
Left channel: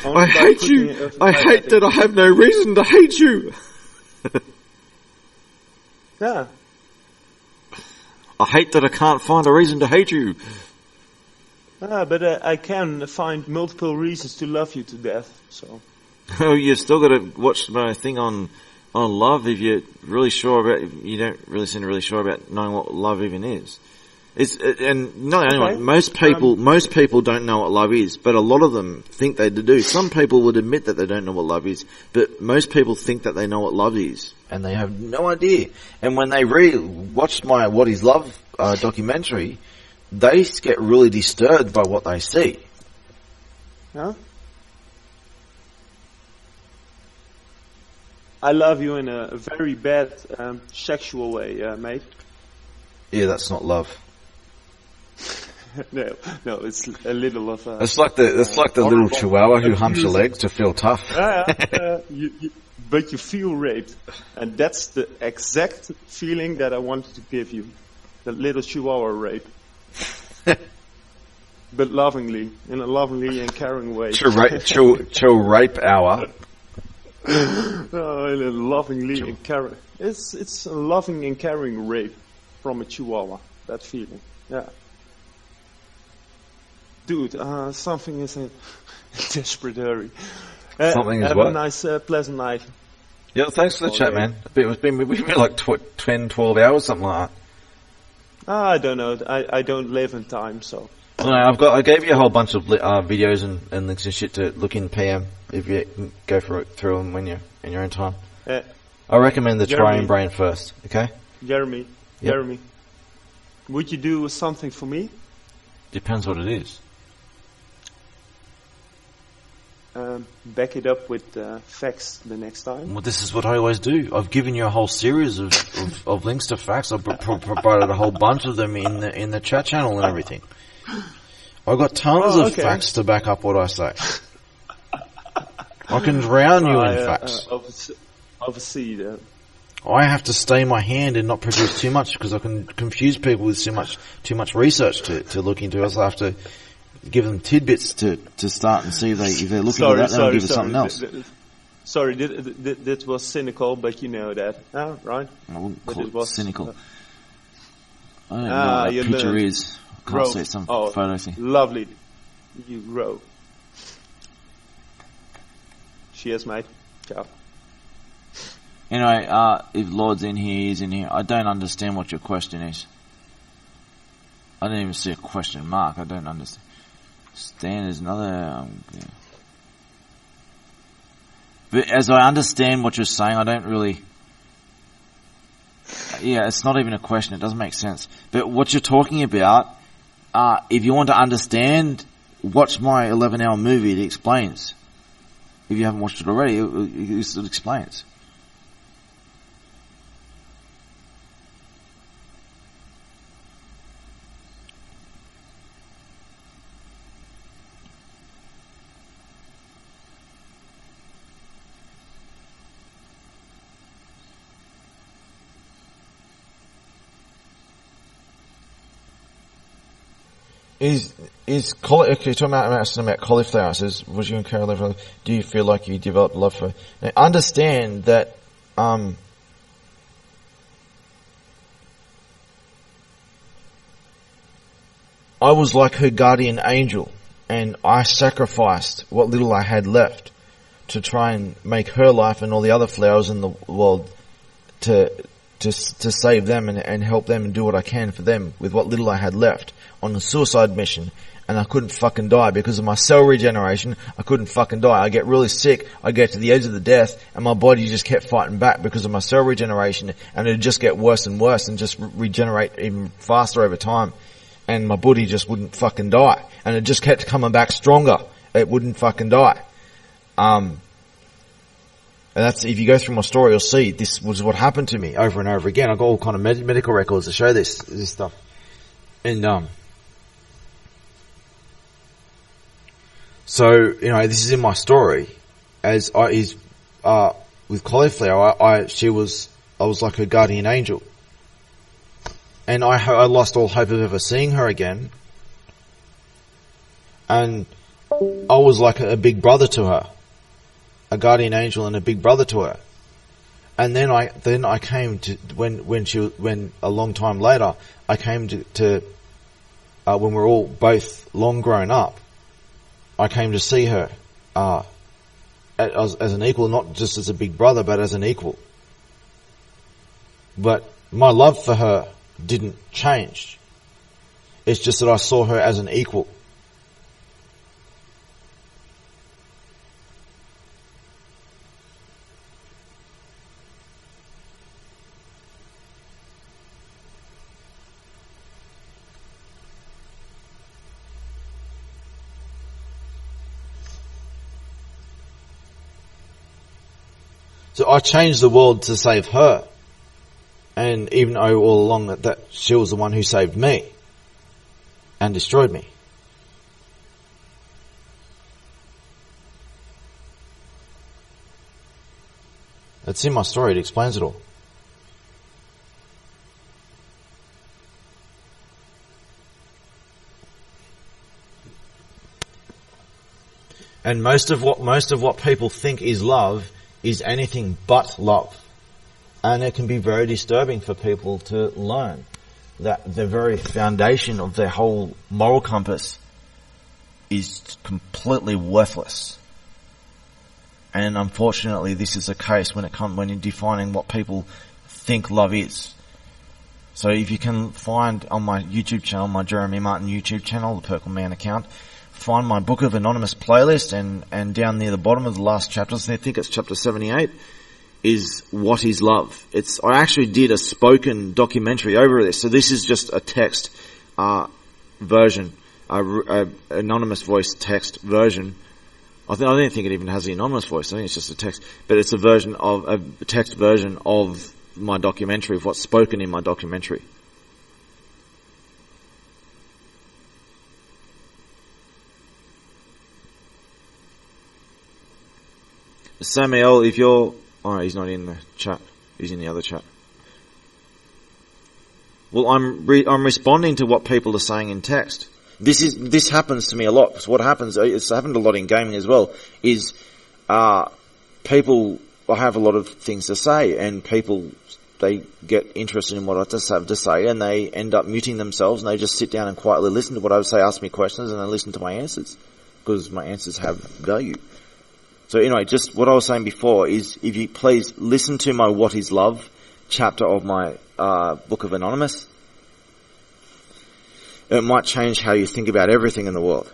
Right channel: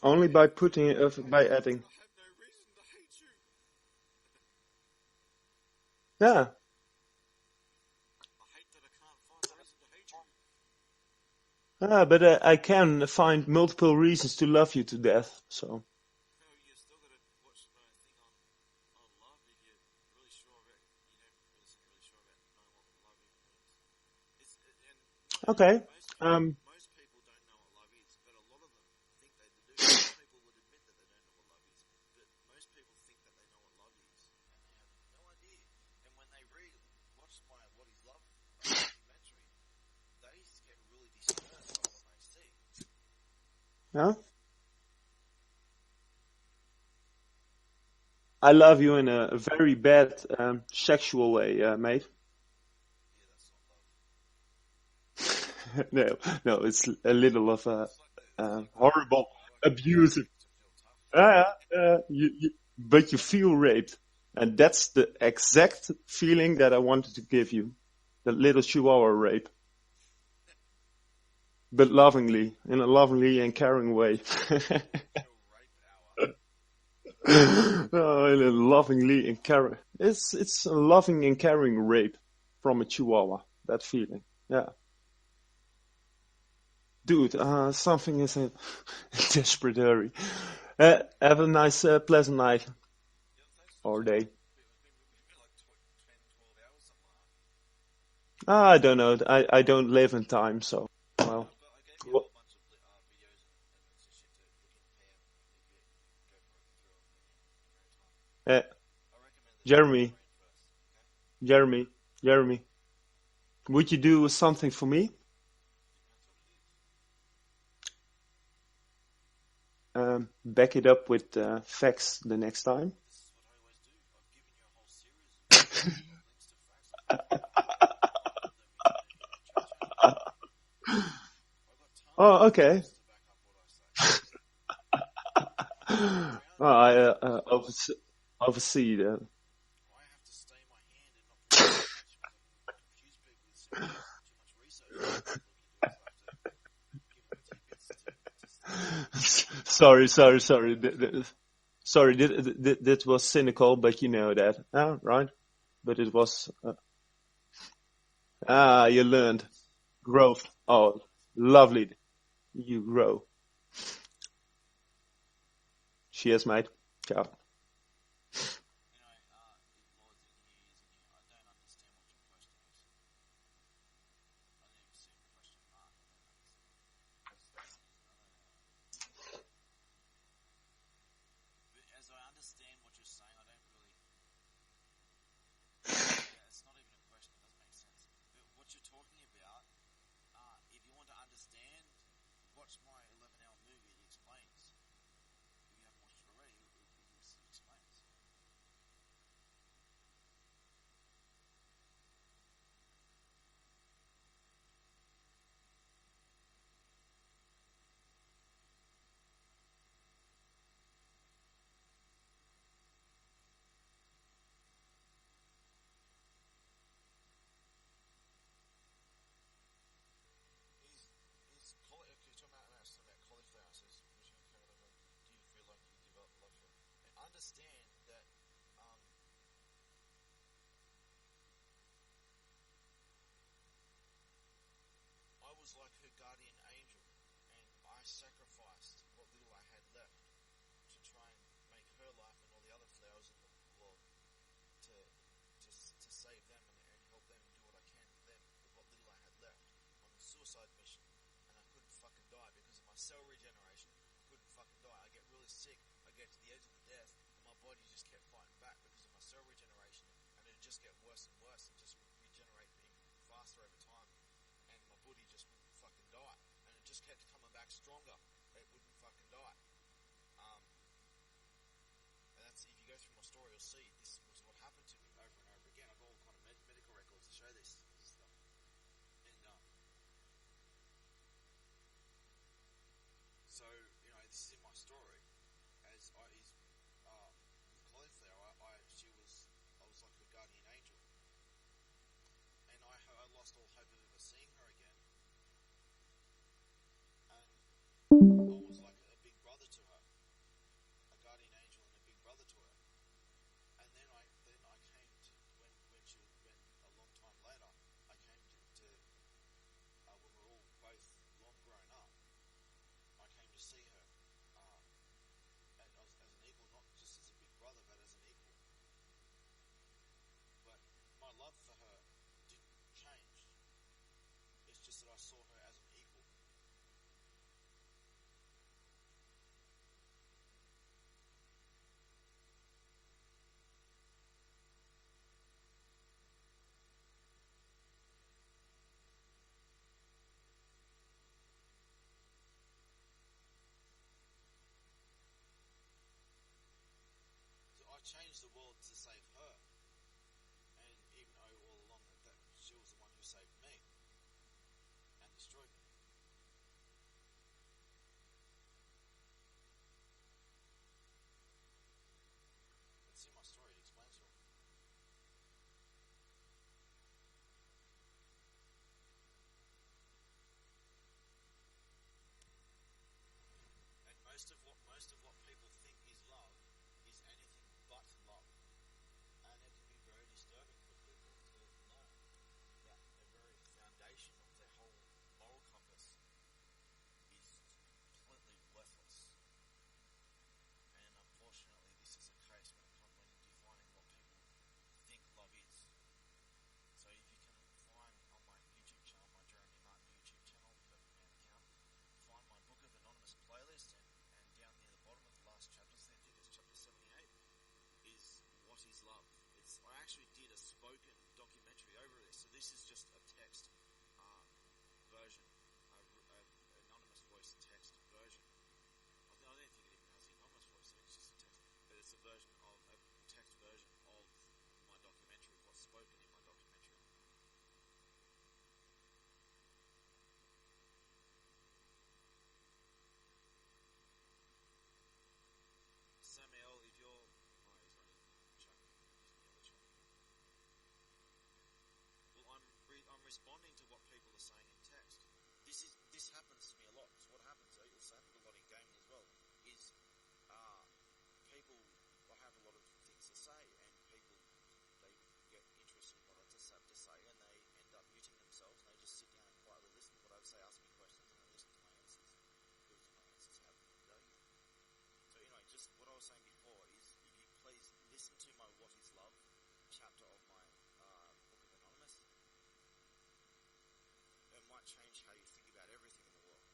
I hate you. I hate that I have no reason to hate you. Yeah. I hate that I can't find a reason to hate you. But I can find multiple reasons to love you to death. So. Oh, you still got to watch my thing on love if you're really sure about. You don't really seem really sure about knowing what love even is. Most people don't know what love is, but a lot of them think they do. Some people would admit that they don't know what love is, but most people think that they know what love is, and they have no idea. And when they watch my What Is Love documentary, they get really disturbed by what they see. Huh? I love you in a very bad sexual way, mate. Yeah, that's not love. No, it's a little of a. It's like the little chihuahua who humps your legs to feel tough. But you feel raped, and that's the exact feeling that I wanted to give you, the little chihuahua rape. But lovingly, in a lovingly and caring way. Chill rape hour. In a lovingly and caring. It's a loving and caring rape from a chihuahua. That feeling, yeah. Dude, something is in desperate hurry. Have a nice, pleasant night. Yeah, thanks for the chat, man. We've been like 10, 12 hours, something like that. I don't know. I don't live in time, so. No, I gave you a whole bunch of videos and links and shit to look in PM if you can go through them when you're in your own time. I recommend the Trying Brain first, okay? Jeremy, would you do something for me? Depends what it is. Back it up with facts the next time. Well, this is what I always do. I've given you a whole series of links to facts. I've provided a whole bunch of them in the chat channel and everything. I've got tons of facts to back up what I say. I can drown you in facts. Obviously, I have to stay my hand and not produce too much because I can confuse people with too much research to look into. I also have to give them tidbits to start and see if they're looking at something else. Sorry, that was cynical, but you know that, right? But it was cynical. You learned. Grow. Lovely. You grow. Cheers, mate. Ciao. Anyway, if Lord's in here, he's in here. I don't understand what your question is. I didn't even see a question mark. I don't understand. Stan is another... yeah. But as I understand what you're saying, I don't really... Yeah, it's not even a question. It doesn't make sense. But what you're talking about, if you want to understand, watch my 11-hour movie. It explains. If you haven't watched it already, it explains. Is okay, talking about cauliflower? It says, was you and Carol, do you feel like you developed love for? Now, understand that I was like her guardian angel, and I sacrificed what little I had left to try and make her life and all the other flowers in the world to save them and help them and do what I can for them with what little I had left on a suicide mission. And I couldn't fucking die because of my cell regeneration. I couldn't fucking die. I get really sick. I get to the edge of the death and my body just kept fighting back because of my cell regeneration, and it'd just get worse and worse and just regenerate even faster over time. And my body just wouldn't fucking die. And it just kept coming back stronger. It wouldn't fucking die. And that's, if you go through my story, you'll see this was what happened to me over and over again. I've got all kind of medical records to show this stuff. And, so, you know, this is in my story. With cauliflower, I was like her guardian angel. And I lost all hope of ever seeing her again. And I was like a big brother to her. A guardian angel and a big brother to her. And then I came to, when a long time later, I came to when we're all both long grown up, I came to see her, as an equal, not just as a big brother, but as an equal. But my love for her didn't change. It's just that I saw her as an equal. So I changed the world to save her. And even though all along that she was the one who saved me and destroyed me. It's in my story. It explains it all. And most of what people think is love is anything but love. And it can be very disturbing for people to learn that the very foundation of their whole moral compass is completely worthless. And unfortunately, this is the case when you're defining what people think love is. So if you can find on my YouTube channel, my Jeremy Martin YouTube channel, the Purple Man account, find my Book of Anonymous playlist, and down near the bottom of the last chapters, I think it's chapter 78, is What is Love. I actually did a spoken documentary over this, so this is just a text version, a anonymous voice text version. I don't think it even has the anonymous voice. I think it's just a text, but it's a text version of my documentary, of what's spoken in my documentary. Samuel, if you're... Oh, he's not in the chat. He's in the other chat. Well, I'm responding to what people are saying in text. This happens to me a lot. So what happens, it's happened a lot in gaming as well, is people have a lot of things to say, and people, they get interested in what I just have to say, and they end up muting themselves, and they just sit down and quietly listen to what I would say, ask me questions, and they listen to my answers, because my answers have value. So anyway, just what I was saying before is, if you please listen to my What is Love chapter of my Book of Anonymous, it might change how you think about everything in the world.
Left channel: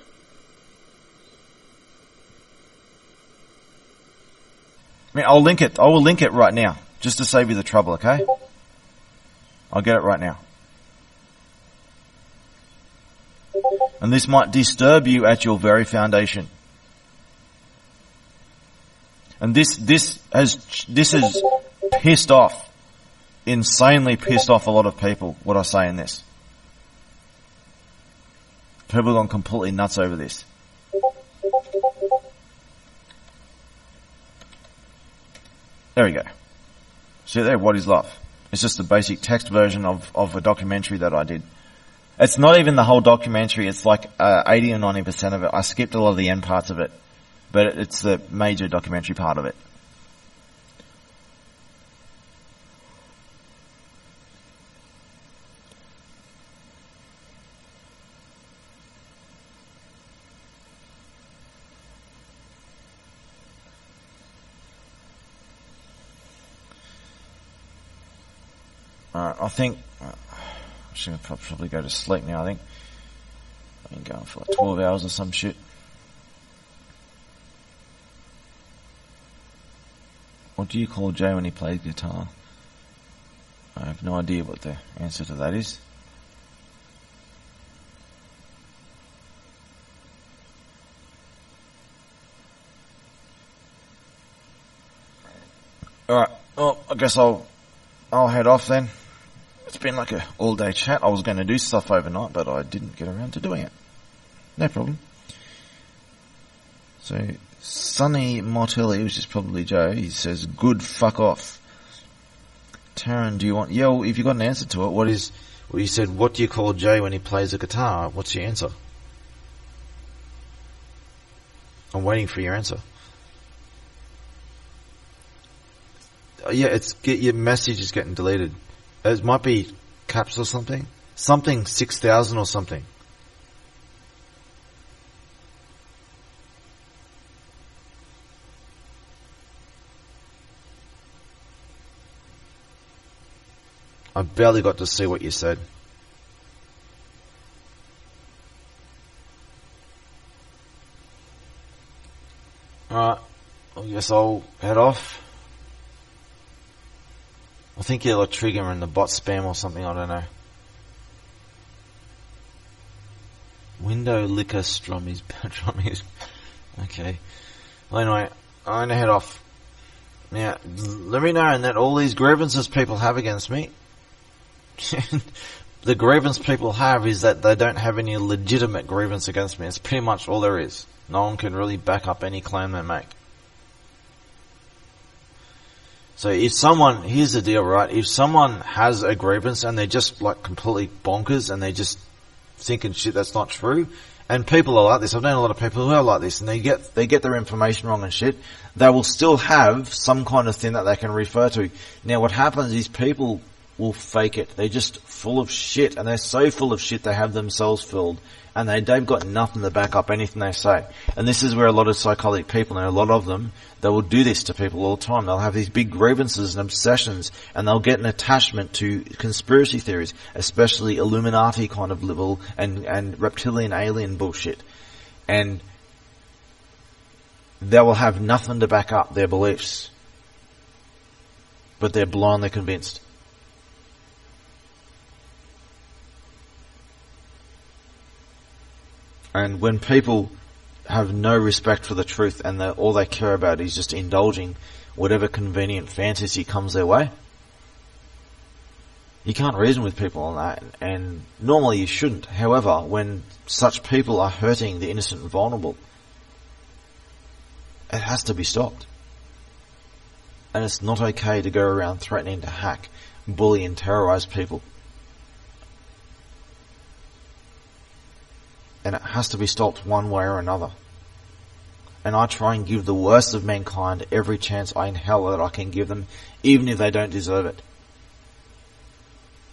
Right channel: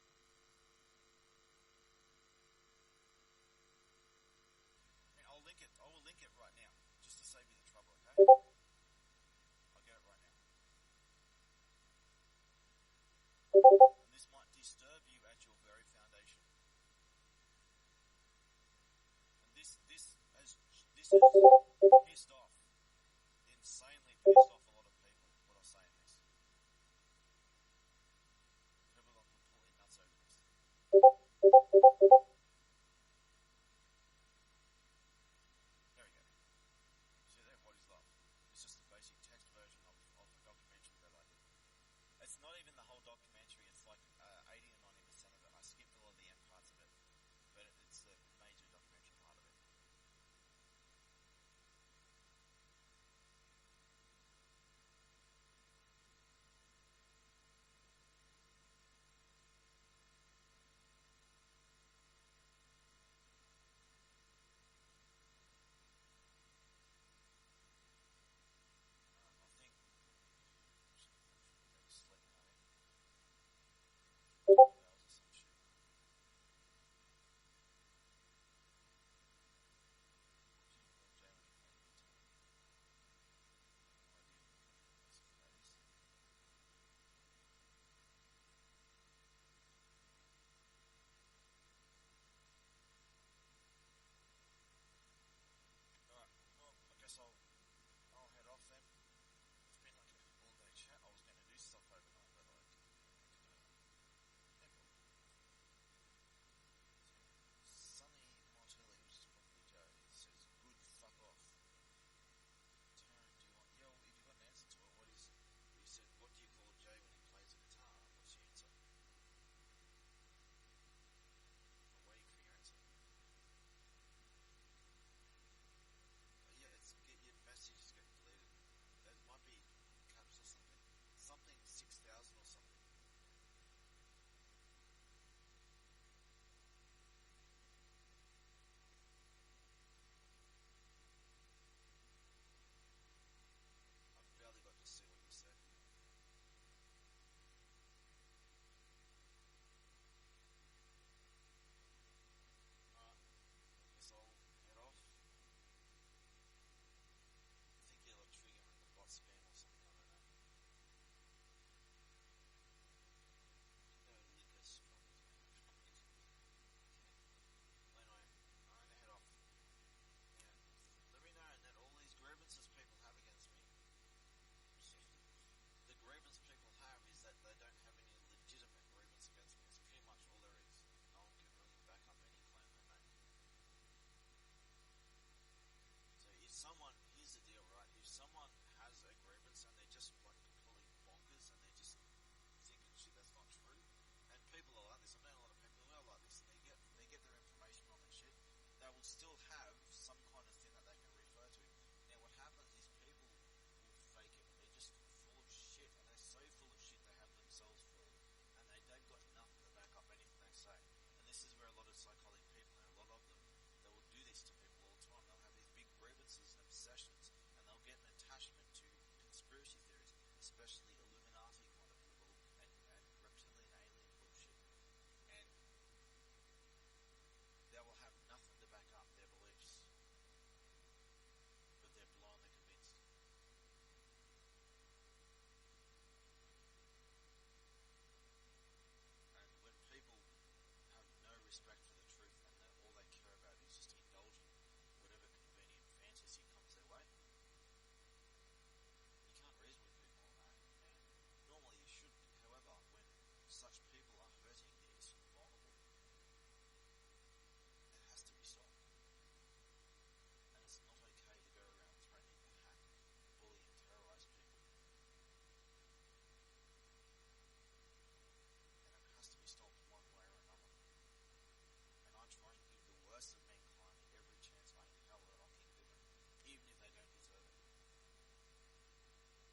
I mean, I'll link it. I will link it right now, just to save you the trouble, okay? I'll get it right now. And this might disturb you at your very foundation. And this has pissed off, insanely pissed off a lot of people, what I say in this. People have gone completely nuts over this. There we go. See there, What is Love? It's just the basic text version of a documentary that I did. It's not even the whole documentary, it's like 80 or 90% of it. I skipped a lot of the end parts of it, but it's the major documentary part of it. I think I should probably go to sleep now. I think I've been going for like 12 hours or some shit. What do you call Jay when he plays guitar? I have no idea what the answer to that is. Alright, well, I guess I'll head off then. It's been like a all-day chat. I was going to do stuff overnight, but I didn't get around to doing it. No problem. So, Sonny Martelli, which is probably Joe, he says, good fuck off. Taryn, do you want... Yeah, well, if you got an answer to it, what is... Well, you said, what do you call Jay when he plays a guitar? What's your answer? I'm waiting for your answer. Yeah, your message is getting deleted. It might be caps or something. Something 6,000 or something. I barely got to see what you said. Alright, I guess I'll head off. I think you're like triggering the bot spam or something, I don't know. Window liquor strummies. Okay. Well, anyway, I'm gonna head off. Now, let me know that all these grievances people have against me, the grievance people have is that they don't have any legitimate grievance against me. It's pretty much all there is. No one can really back up any claim they make. So if someone, here's the deal, right? If someone has a grievance and they're just like completely bonkers and they're just thinking shit that's not true, and people are like this, I've known a lot of people who are like this, and they get their information wrong and shit, they will still have some kind of thing that they can refer to. Now what happens is people will fake it. They're just full of shit, and they're so full of shit they have themselves filled, and they've got nothing to back up anything they say. And this is where a lot of psychotic people, and a lot of them, they will do this to people all the time. They'll have these big grievances and obsessions, and they'll get an attachment to conspiracy theories, especially Illuminati kind of level and reptilian alien bullshit. And they will have nothing to back up their beliefs, but they're blindly convinced. And when people have no respect for the truth and all they care about is just indulging whatever convenient fantasy comes their way, you can't reason with people on that, and normally you shouldn't. However, when such people are hurting the innocent and vulnerable, it has to be stopped. And it's not okay to go around threatening to hack, bully and terrorize people. And it has to be stopped one way or another. And I try and give the worst of mankind every chance in hell that I can give them, even if they don't deserve it.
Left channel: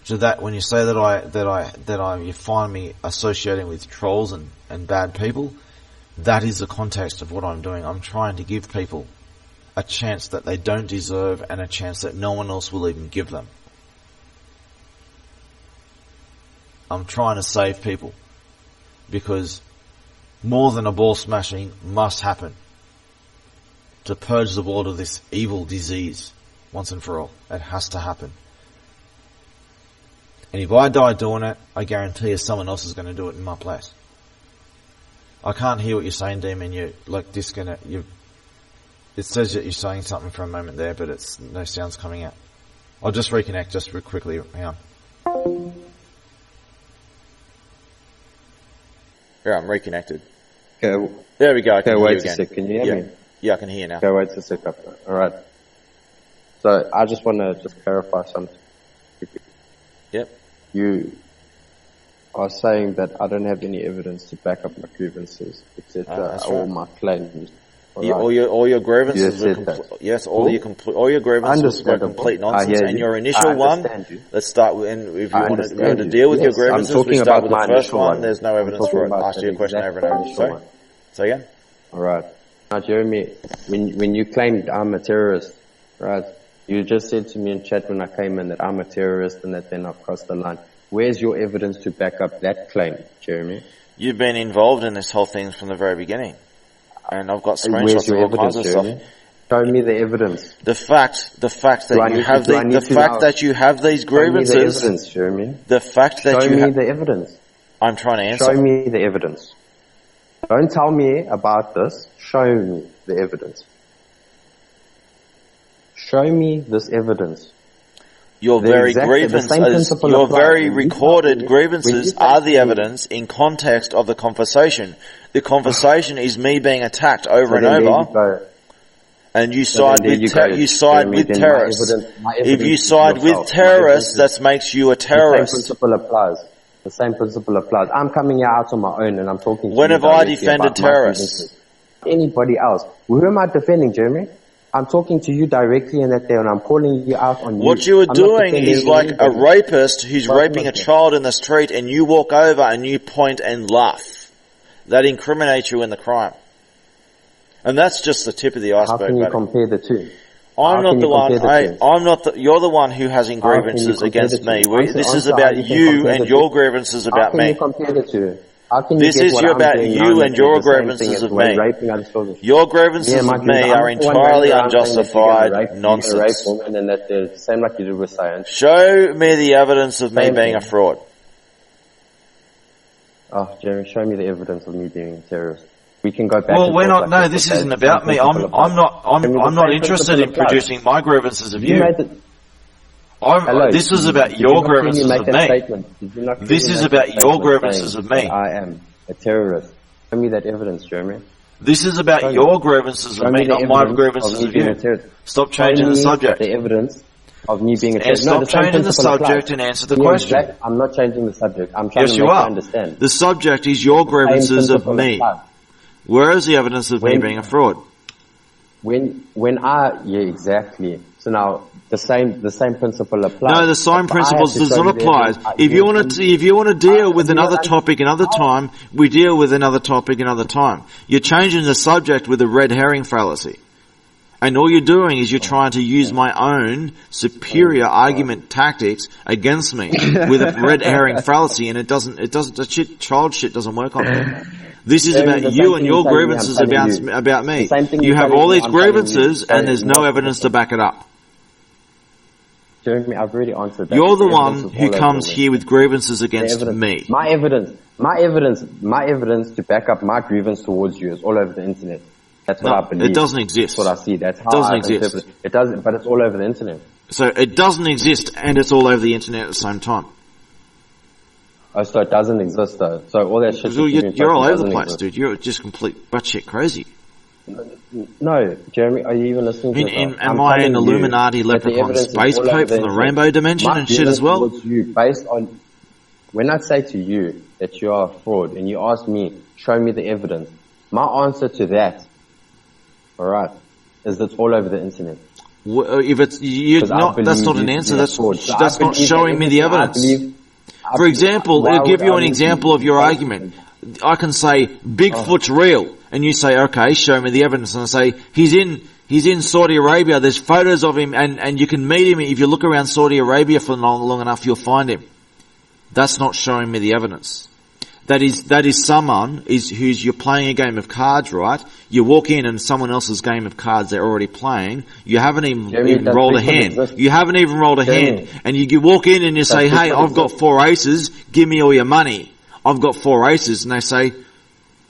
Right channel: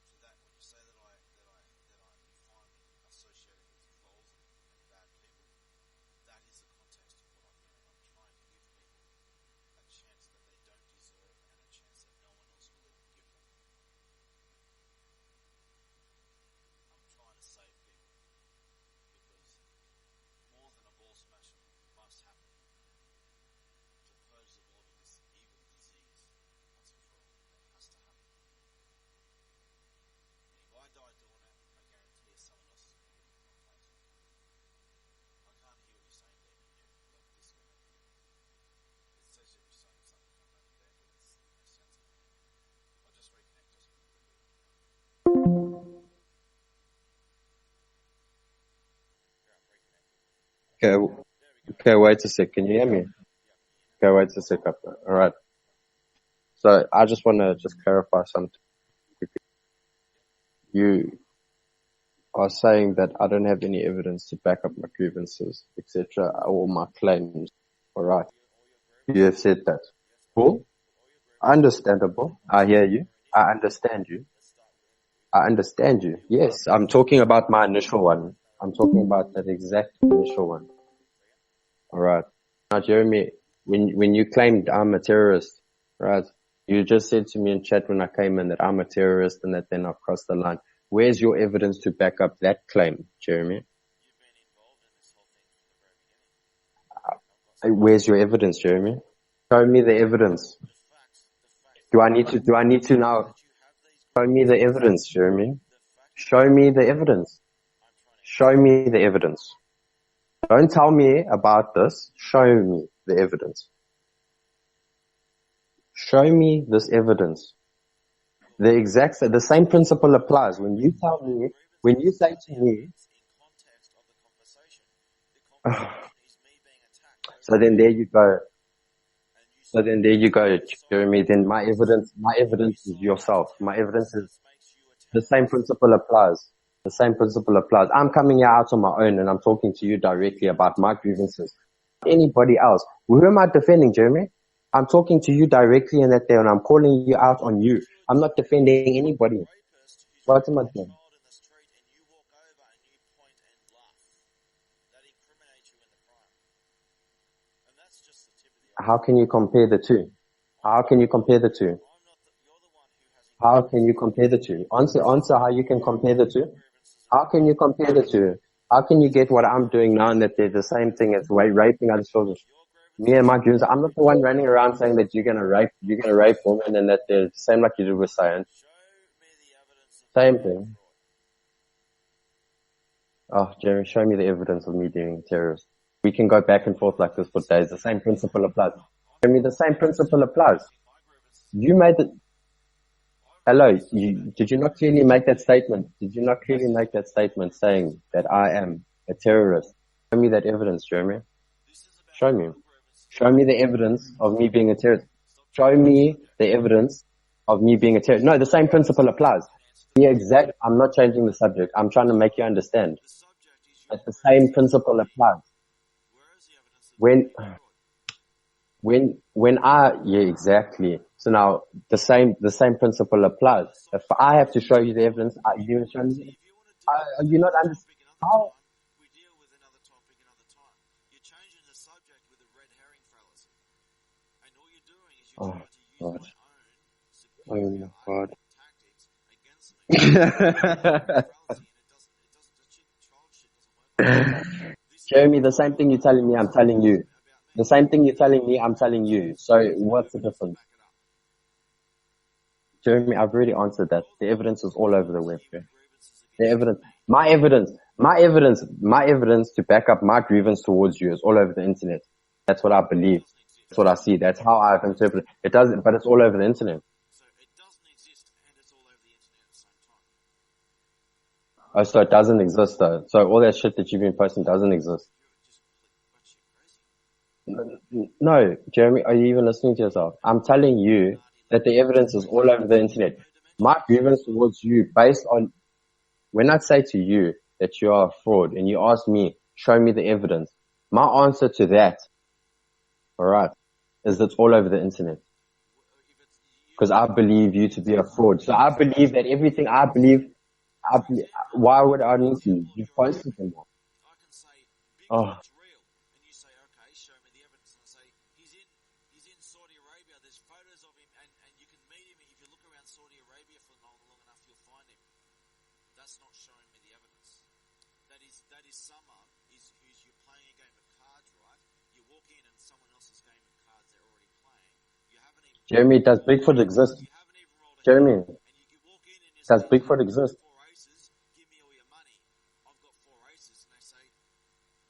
So that when you say that you find me associating with trolls and bad people, That is the context of what I'm doing. I'm trying to give people a chance that they don't deserve and a chance that no one else will even give them. I'm trying to save people because more than a ball smashing must happen to purge the world of this evil disease once and for all. It has to happen. And if I die doing it, I guarantee you someone else is going to do it in my place. I can't hear what you're saying, Demon. You're like disconnect. It says that you're saying something for a moment there, but it's no sounds coming out. I'll just reconnect just real quickly. Hang on. Yeah, I'm reconnected. Okay. There we go. Okay, wait a sec. Can you hear me? Yeah, I can hear you now. Okay, wait a sec. Alright. So, I just want to just clarify something. Yep. You are saying that I don't have any evidence to back up my grievances, etc., or my claims. Yeah, all your grievances. You said that. Yes, all your grievances were complete nonsense. I hear you. And your initial one. Let's start with. And if you want to deal with your grievances, I'm talking about my initial one. There's no evidence for it. Ask you a question over and over. So again. All right. Now, Jeremy, when you claimed I'm a terrorist, right? You just said to me in chat when I came in that I'm a terrorist and that then I've crossed the line. Where's your evidence to back up that claim, Jeremy? You've been involved in this whole thing from the very beginning. And I've got screenshots. Where's your evidence, Jeremy? Show me the evidence. The fact that you have these grievances. Show me the evidence, Jeremy. The fact that Show me the evidence. I'm trying to answer. Show me the evidence. Don't tell me about this. Show me the evidence. Show me this evidence. Your very recorded grievances are the evidence in context of the conversation. The conversation is me being attacked over and over. And you side with terrorists. If you side with terrorists, that makes you a terrorist. The same principle applies. The same principle applies. I'm coming here out on my own and I'm talking to you directly about my grievances. Anybody else? Who am I defending, Jeremy? I'm talking to you directly in that day and I'm calling you out on you. What you are doing is like a rapist who's raping a child in the street and you walk over and you point and laugh. That incriminates you in the crime. And that's just the tip of the iceberg. How can you compare the two? You're the one who has grievances against me. This is about you and your grievances about me. How can you compare the two? How can you get what I'm doing now and your grievances of me? Raping other children? Your grievances of me are entirely unjustified nonsense. You're going to rape women and that the same like you did with science. Show me the evidence of me being a fraud. Oh, Jeremy, show me the evidence of me being a terrorist. We can go back. Well, we're not. No, this isn't about me. I'm not interested in producing my grievances of you. Hello. This is about your grievances of me. This is about your grievances of me. I am a terrorist. Show me that evidence, Jeremy. This is about your grievances of me, not my grievances of you. Stop changing the subject. The evidence of me being a terrorist. No, the same principle applies. And answer the question. I'm not changing the subject. I'm trying to make you understand. The subject is your grievances of me. Where is the evidence of me being a fraud? Exactly. So now the same principle applies. No, the same principle does not apply. If you want to deal with another topic another time, we deal with another topic another time. You're changing the subject with a red herring fallacy. And all you're doing is you're trying to use my own superior argument tactics against me with a red herring fallacy, and child shit doesn't work on that. This is about you and your grievances about me. You have all these grievances and there's no evidence to back it up. Jeremy, I've already answered that. You're the one who comes here with grievances against me. My evidence to back up my grievance towards you is all over the internet. That's what I believe. It doesn't exist. That's what I see. That's how I interpret it. It doesn't, but it's all over the internet. So it doesn't exist and it's all over the internet at the same time. Oh, so it doesn't exist though. So all that shit that you've been posting doesn't exist. Dude. You're just complete batshit crazy. No, Jeremy, are you even listening to yourself? I'm telling you that the evidence is all over the internet. Rainbow dimension and shit as well. Towards you based on, when I say to you that you are a fraud and you ask me, show me the evidence, my answer to that, alright, is that's all over the internet. If it's, that's not an answer, that's not showing me the evidence. For example, I'll give you an example of your argument. I can say, Bigfoot's real. and you say, okay, show me the evidence, and I say, he's in Saudi Arabia, there's photos of him, and you can meet him, if you look around Saudi Arabia for long enough, you'll find him. That's not showing me the evidence. That is someone who's you're playing a game of cards, right? You walk in and someone else's game of cards they're already playing. You haven't even rolled a hand. You haven't even rolled a hand. And you walk in and you say, hey, I've got 4 aces, give me all your money. I've got 4 aces. And they say,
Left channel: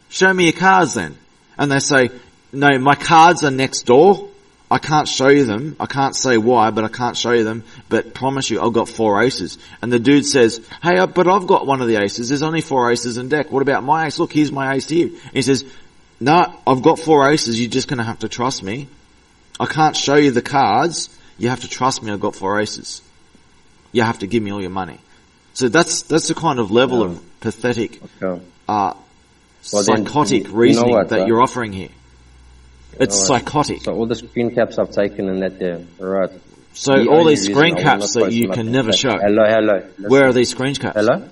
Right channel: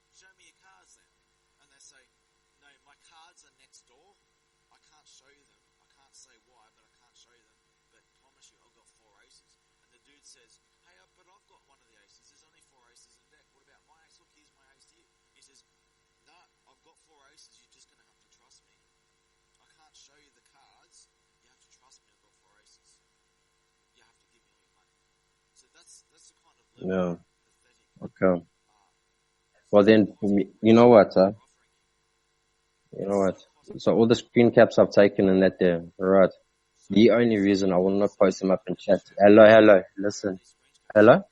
show me your cards then. And they say, no, my cards are next door. I can't show you them. I can't say why, but I can't show you them. But promise you, I've got 4 aces. And the dude says, hey, but I've got one of the aces. There's only 4 aces in deck. What about my ace? Look, here's my ace here. And he says, no, I've got 4 aces. You're just going to have to trust me. I can't show you the cards. You have to trust me. I've got 4 aces. You have to give me all your money. So that's the kind of level of pathetic, psychotic reasoning that you're offering here. It's psychotic. So all the screen caps I've taken and that there, right? So all these screen caps that you can never show. Hello. Listen. Where are these screen caps? Hello.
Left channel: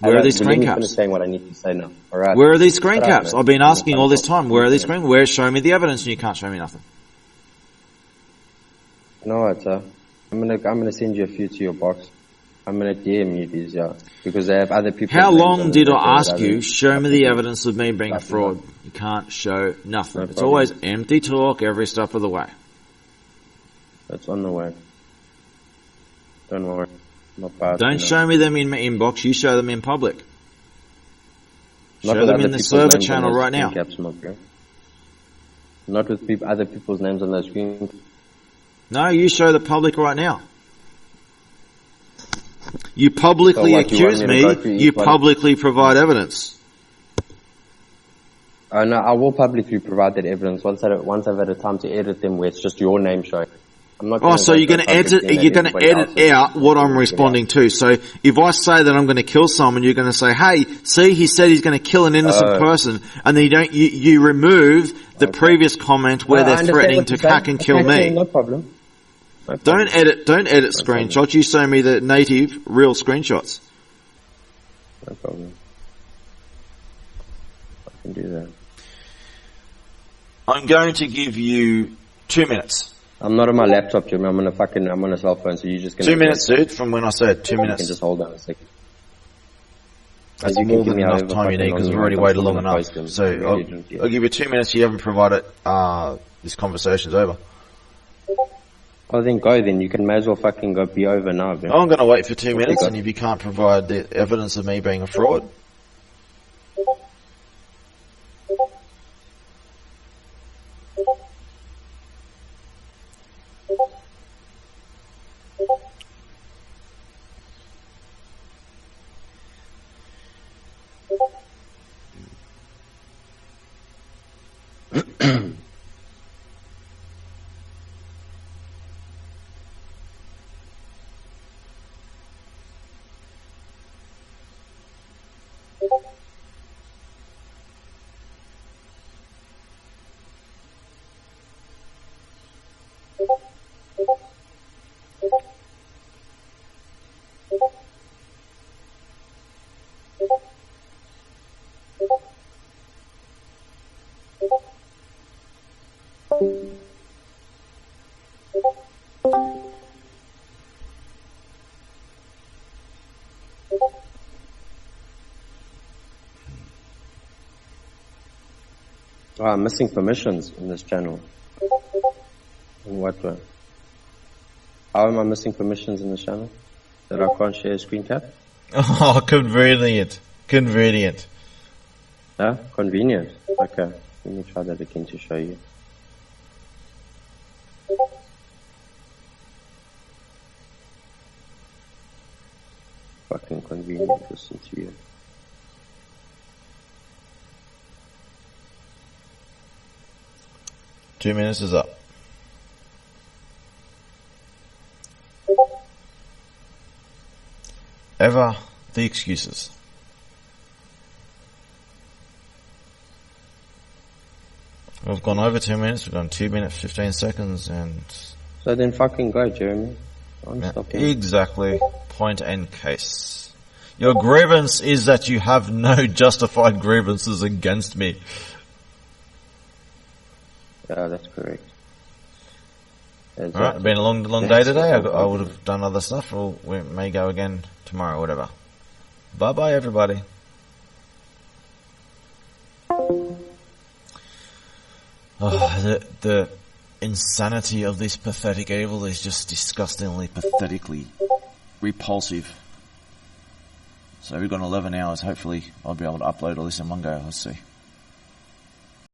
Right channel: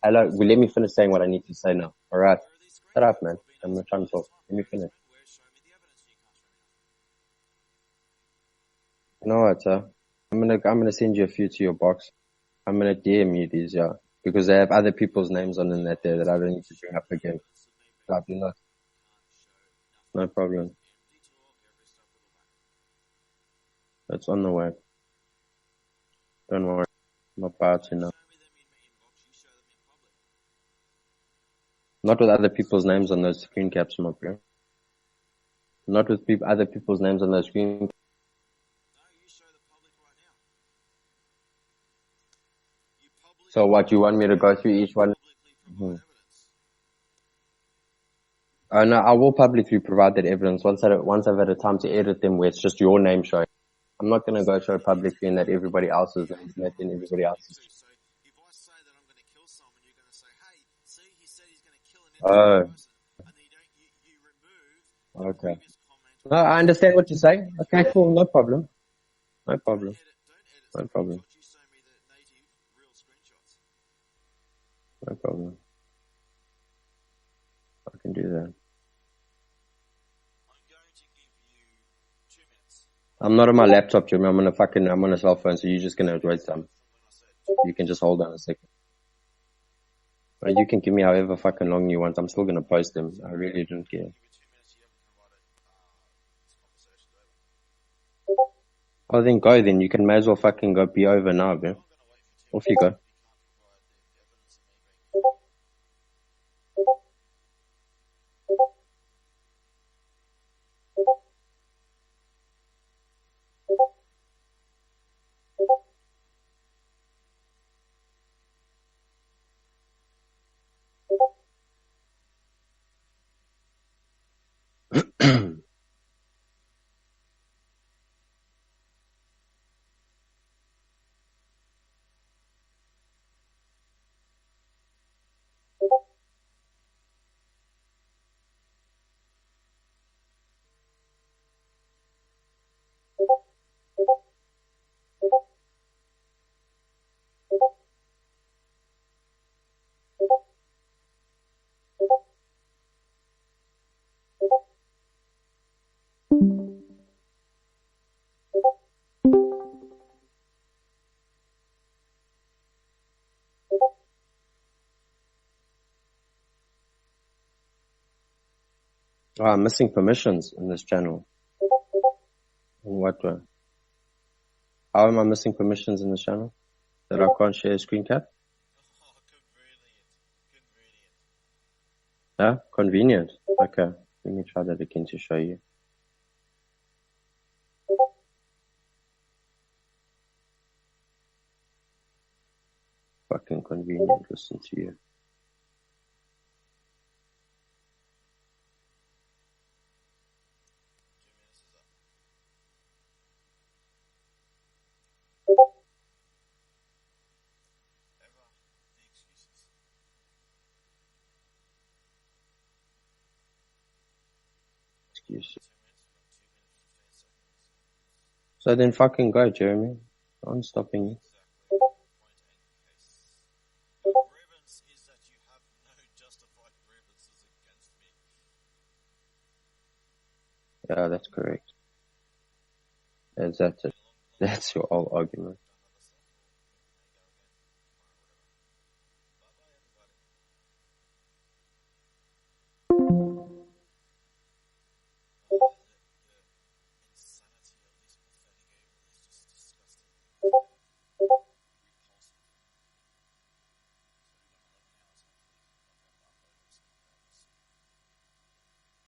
Where are these screen Let me caps? finish saying what I need to say now. All right. Where are these screen Shut up, caps? man. I've been asking all this time. Where are these screen? Where? Show me the evidence, and you can't show me nothing. You know what, sir? I'm gonna send you a few to your box. I'm gonna DM you these, because they have other people. How long did I ask you? Show me the evidence of me being a fraud. You can't show nothing. It's always empty talk every step of the way. It's on the way. Don't worry. Not bad. Don't show me them in my inbox. You show them in public. Not with other people's names on those right screen now. caps, my bro. Not with other people's names on those screen. No, you show the public right now. You publicly you accuse want me to go through me. each You one? publicly provide evidence. No, I will publicly provide that evidence once I've had a time to edit them where it's just your name showing. I'm not. So you're going to edit out what I'm responding to. So if I say that I'm going to kill someone, you're going to say, "Hey, see, he said he's going to kill an innocent person," and then you remove the previous comment where they're threatening to hack and kill me. No problem. Don't edit screenshots. You show me the native, real screenshots. No problem. I can do that. I'm going to give you 2 minutes. I'm not on my laptop, Jimmy. I'm on a cell phone, so you're just gonna. 2 minutes, dude. From when I said 2 minutes. You can just hold on a second. That's you can more give me than however enough time you fucking need long because you you want. already I'm waited still long gonna enough. post them. So I'll give you 2 minutes. You haven't provided. This conversation's over. Oh, then go. Then you can may as well fucking go. Be over now, man. I'm going to wait for 2 What minutes, you got? and if you can't provide the evidence of me being a fraud. Oh, I'm missing permissions in this channel. In what way? How am I missing permissions in this channel? That I can't share a screen cap? Oh, convenient. Convenient. Yeah, convenient. Okay, let me try that again to show you. Fucking convenient, listen to you. Two minutes is up. Ever the excuses. We've gone over 2 minutes, we've gone 2 minutes, 15 seconds, and... So then fucking go, Jeremy. I'm stopping. Exactly. Point and case. Your grievance is that you have no justified grievances against me. Yeah, that's correct. Exactly. Alright, been a long day That's today. what I I'll would do. have done other stuff, or we may go again tomorrow, whatever. Bye bye, everybody. Oh, the insanity of this pathetic evil is just disgustingly, pathetically repulsive. So we've got 11 hours. Hopefully, I'll be able to upload all this in one go. Let's see.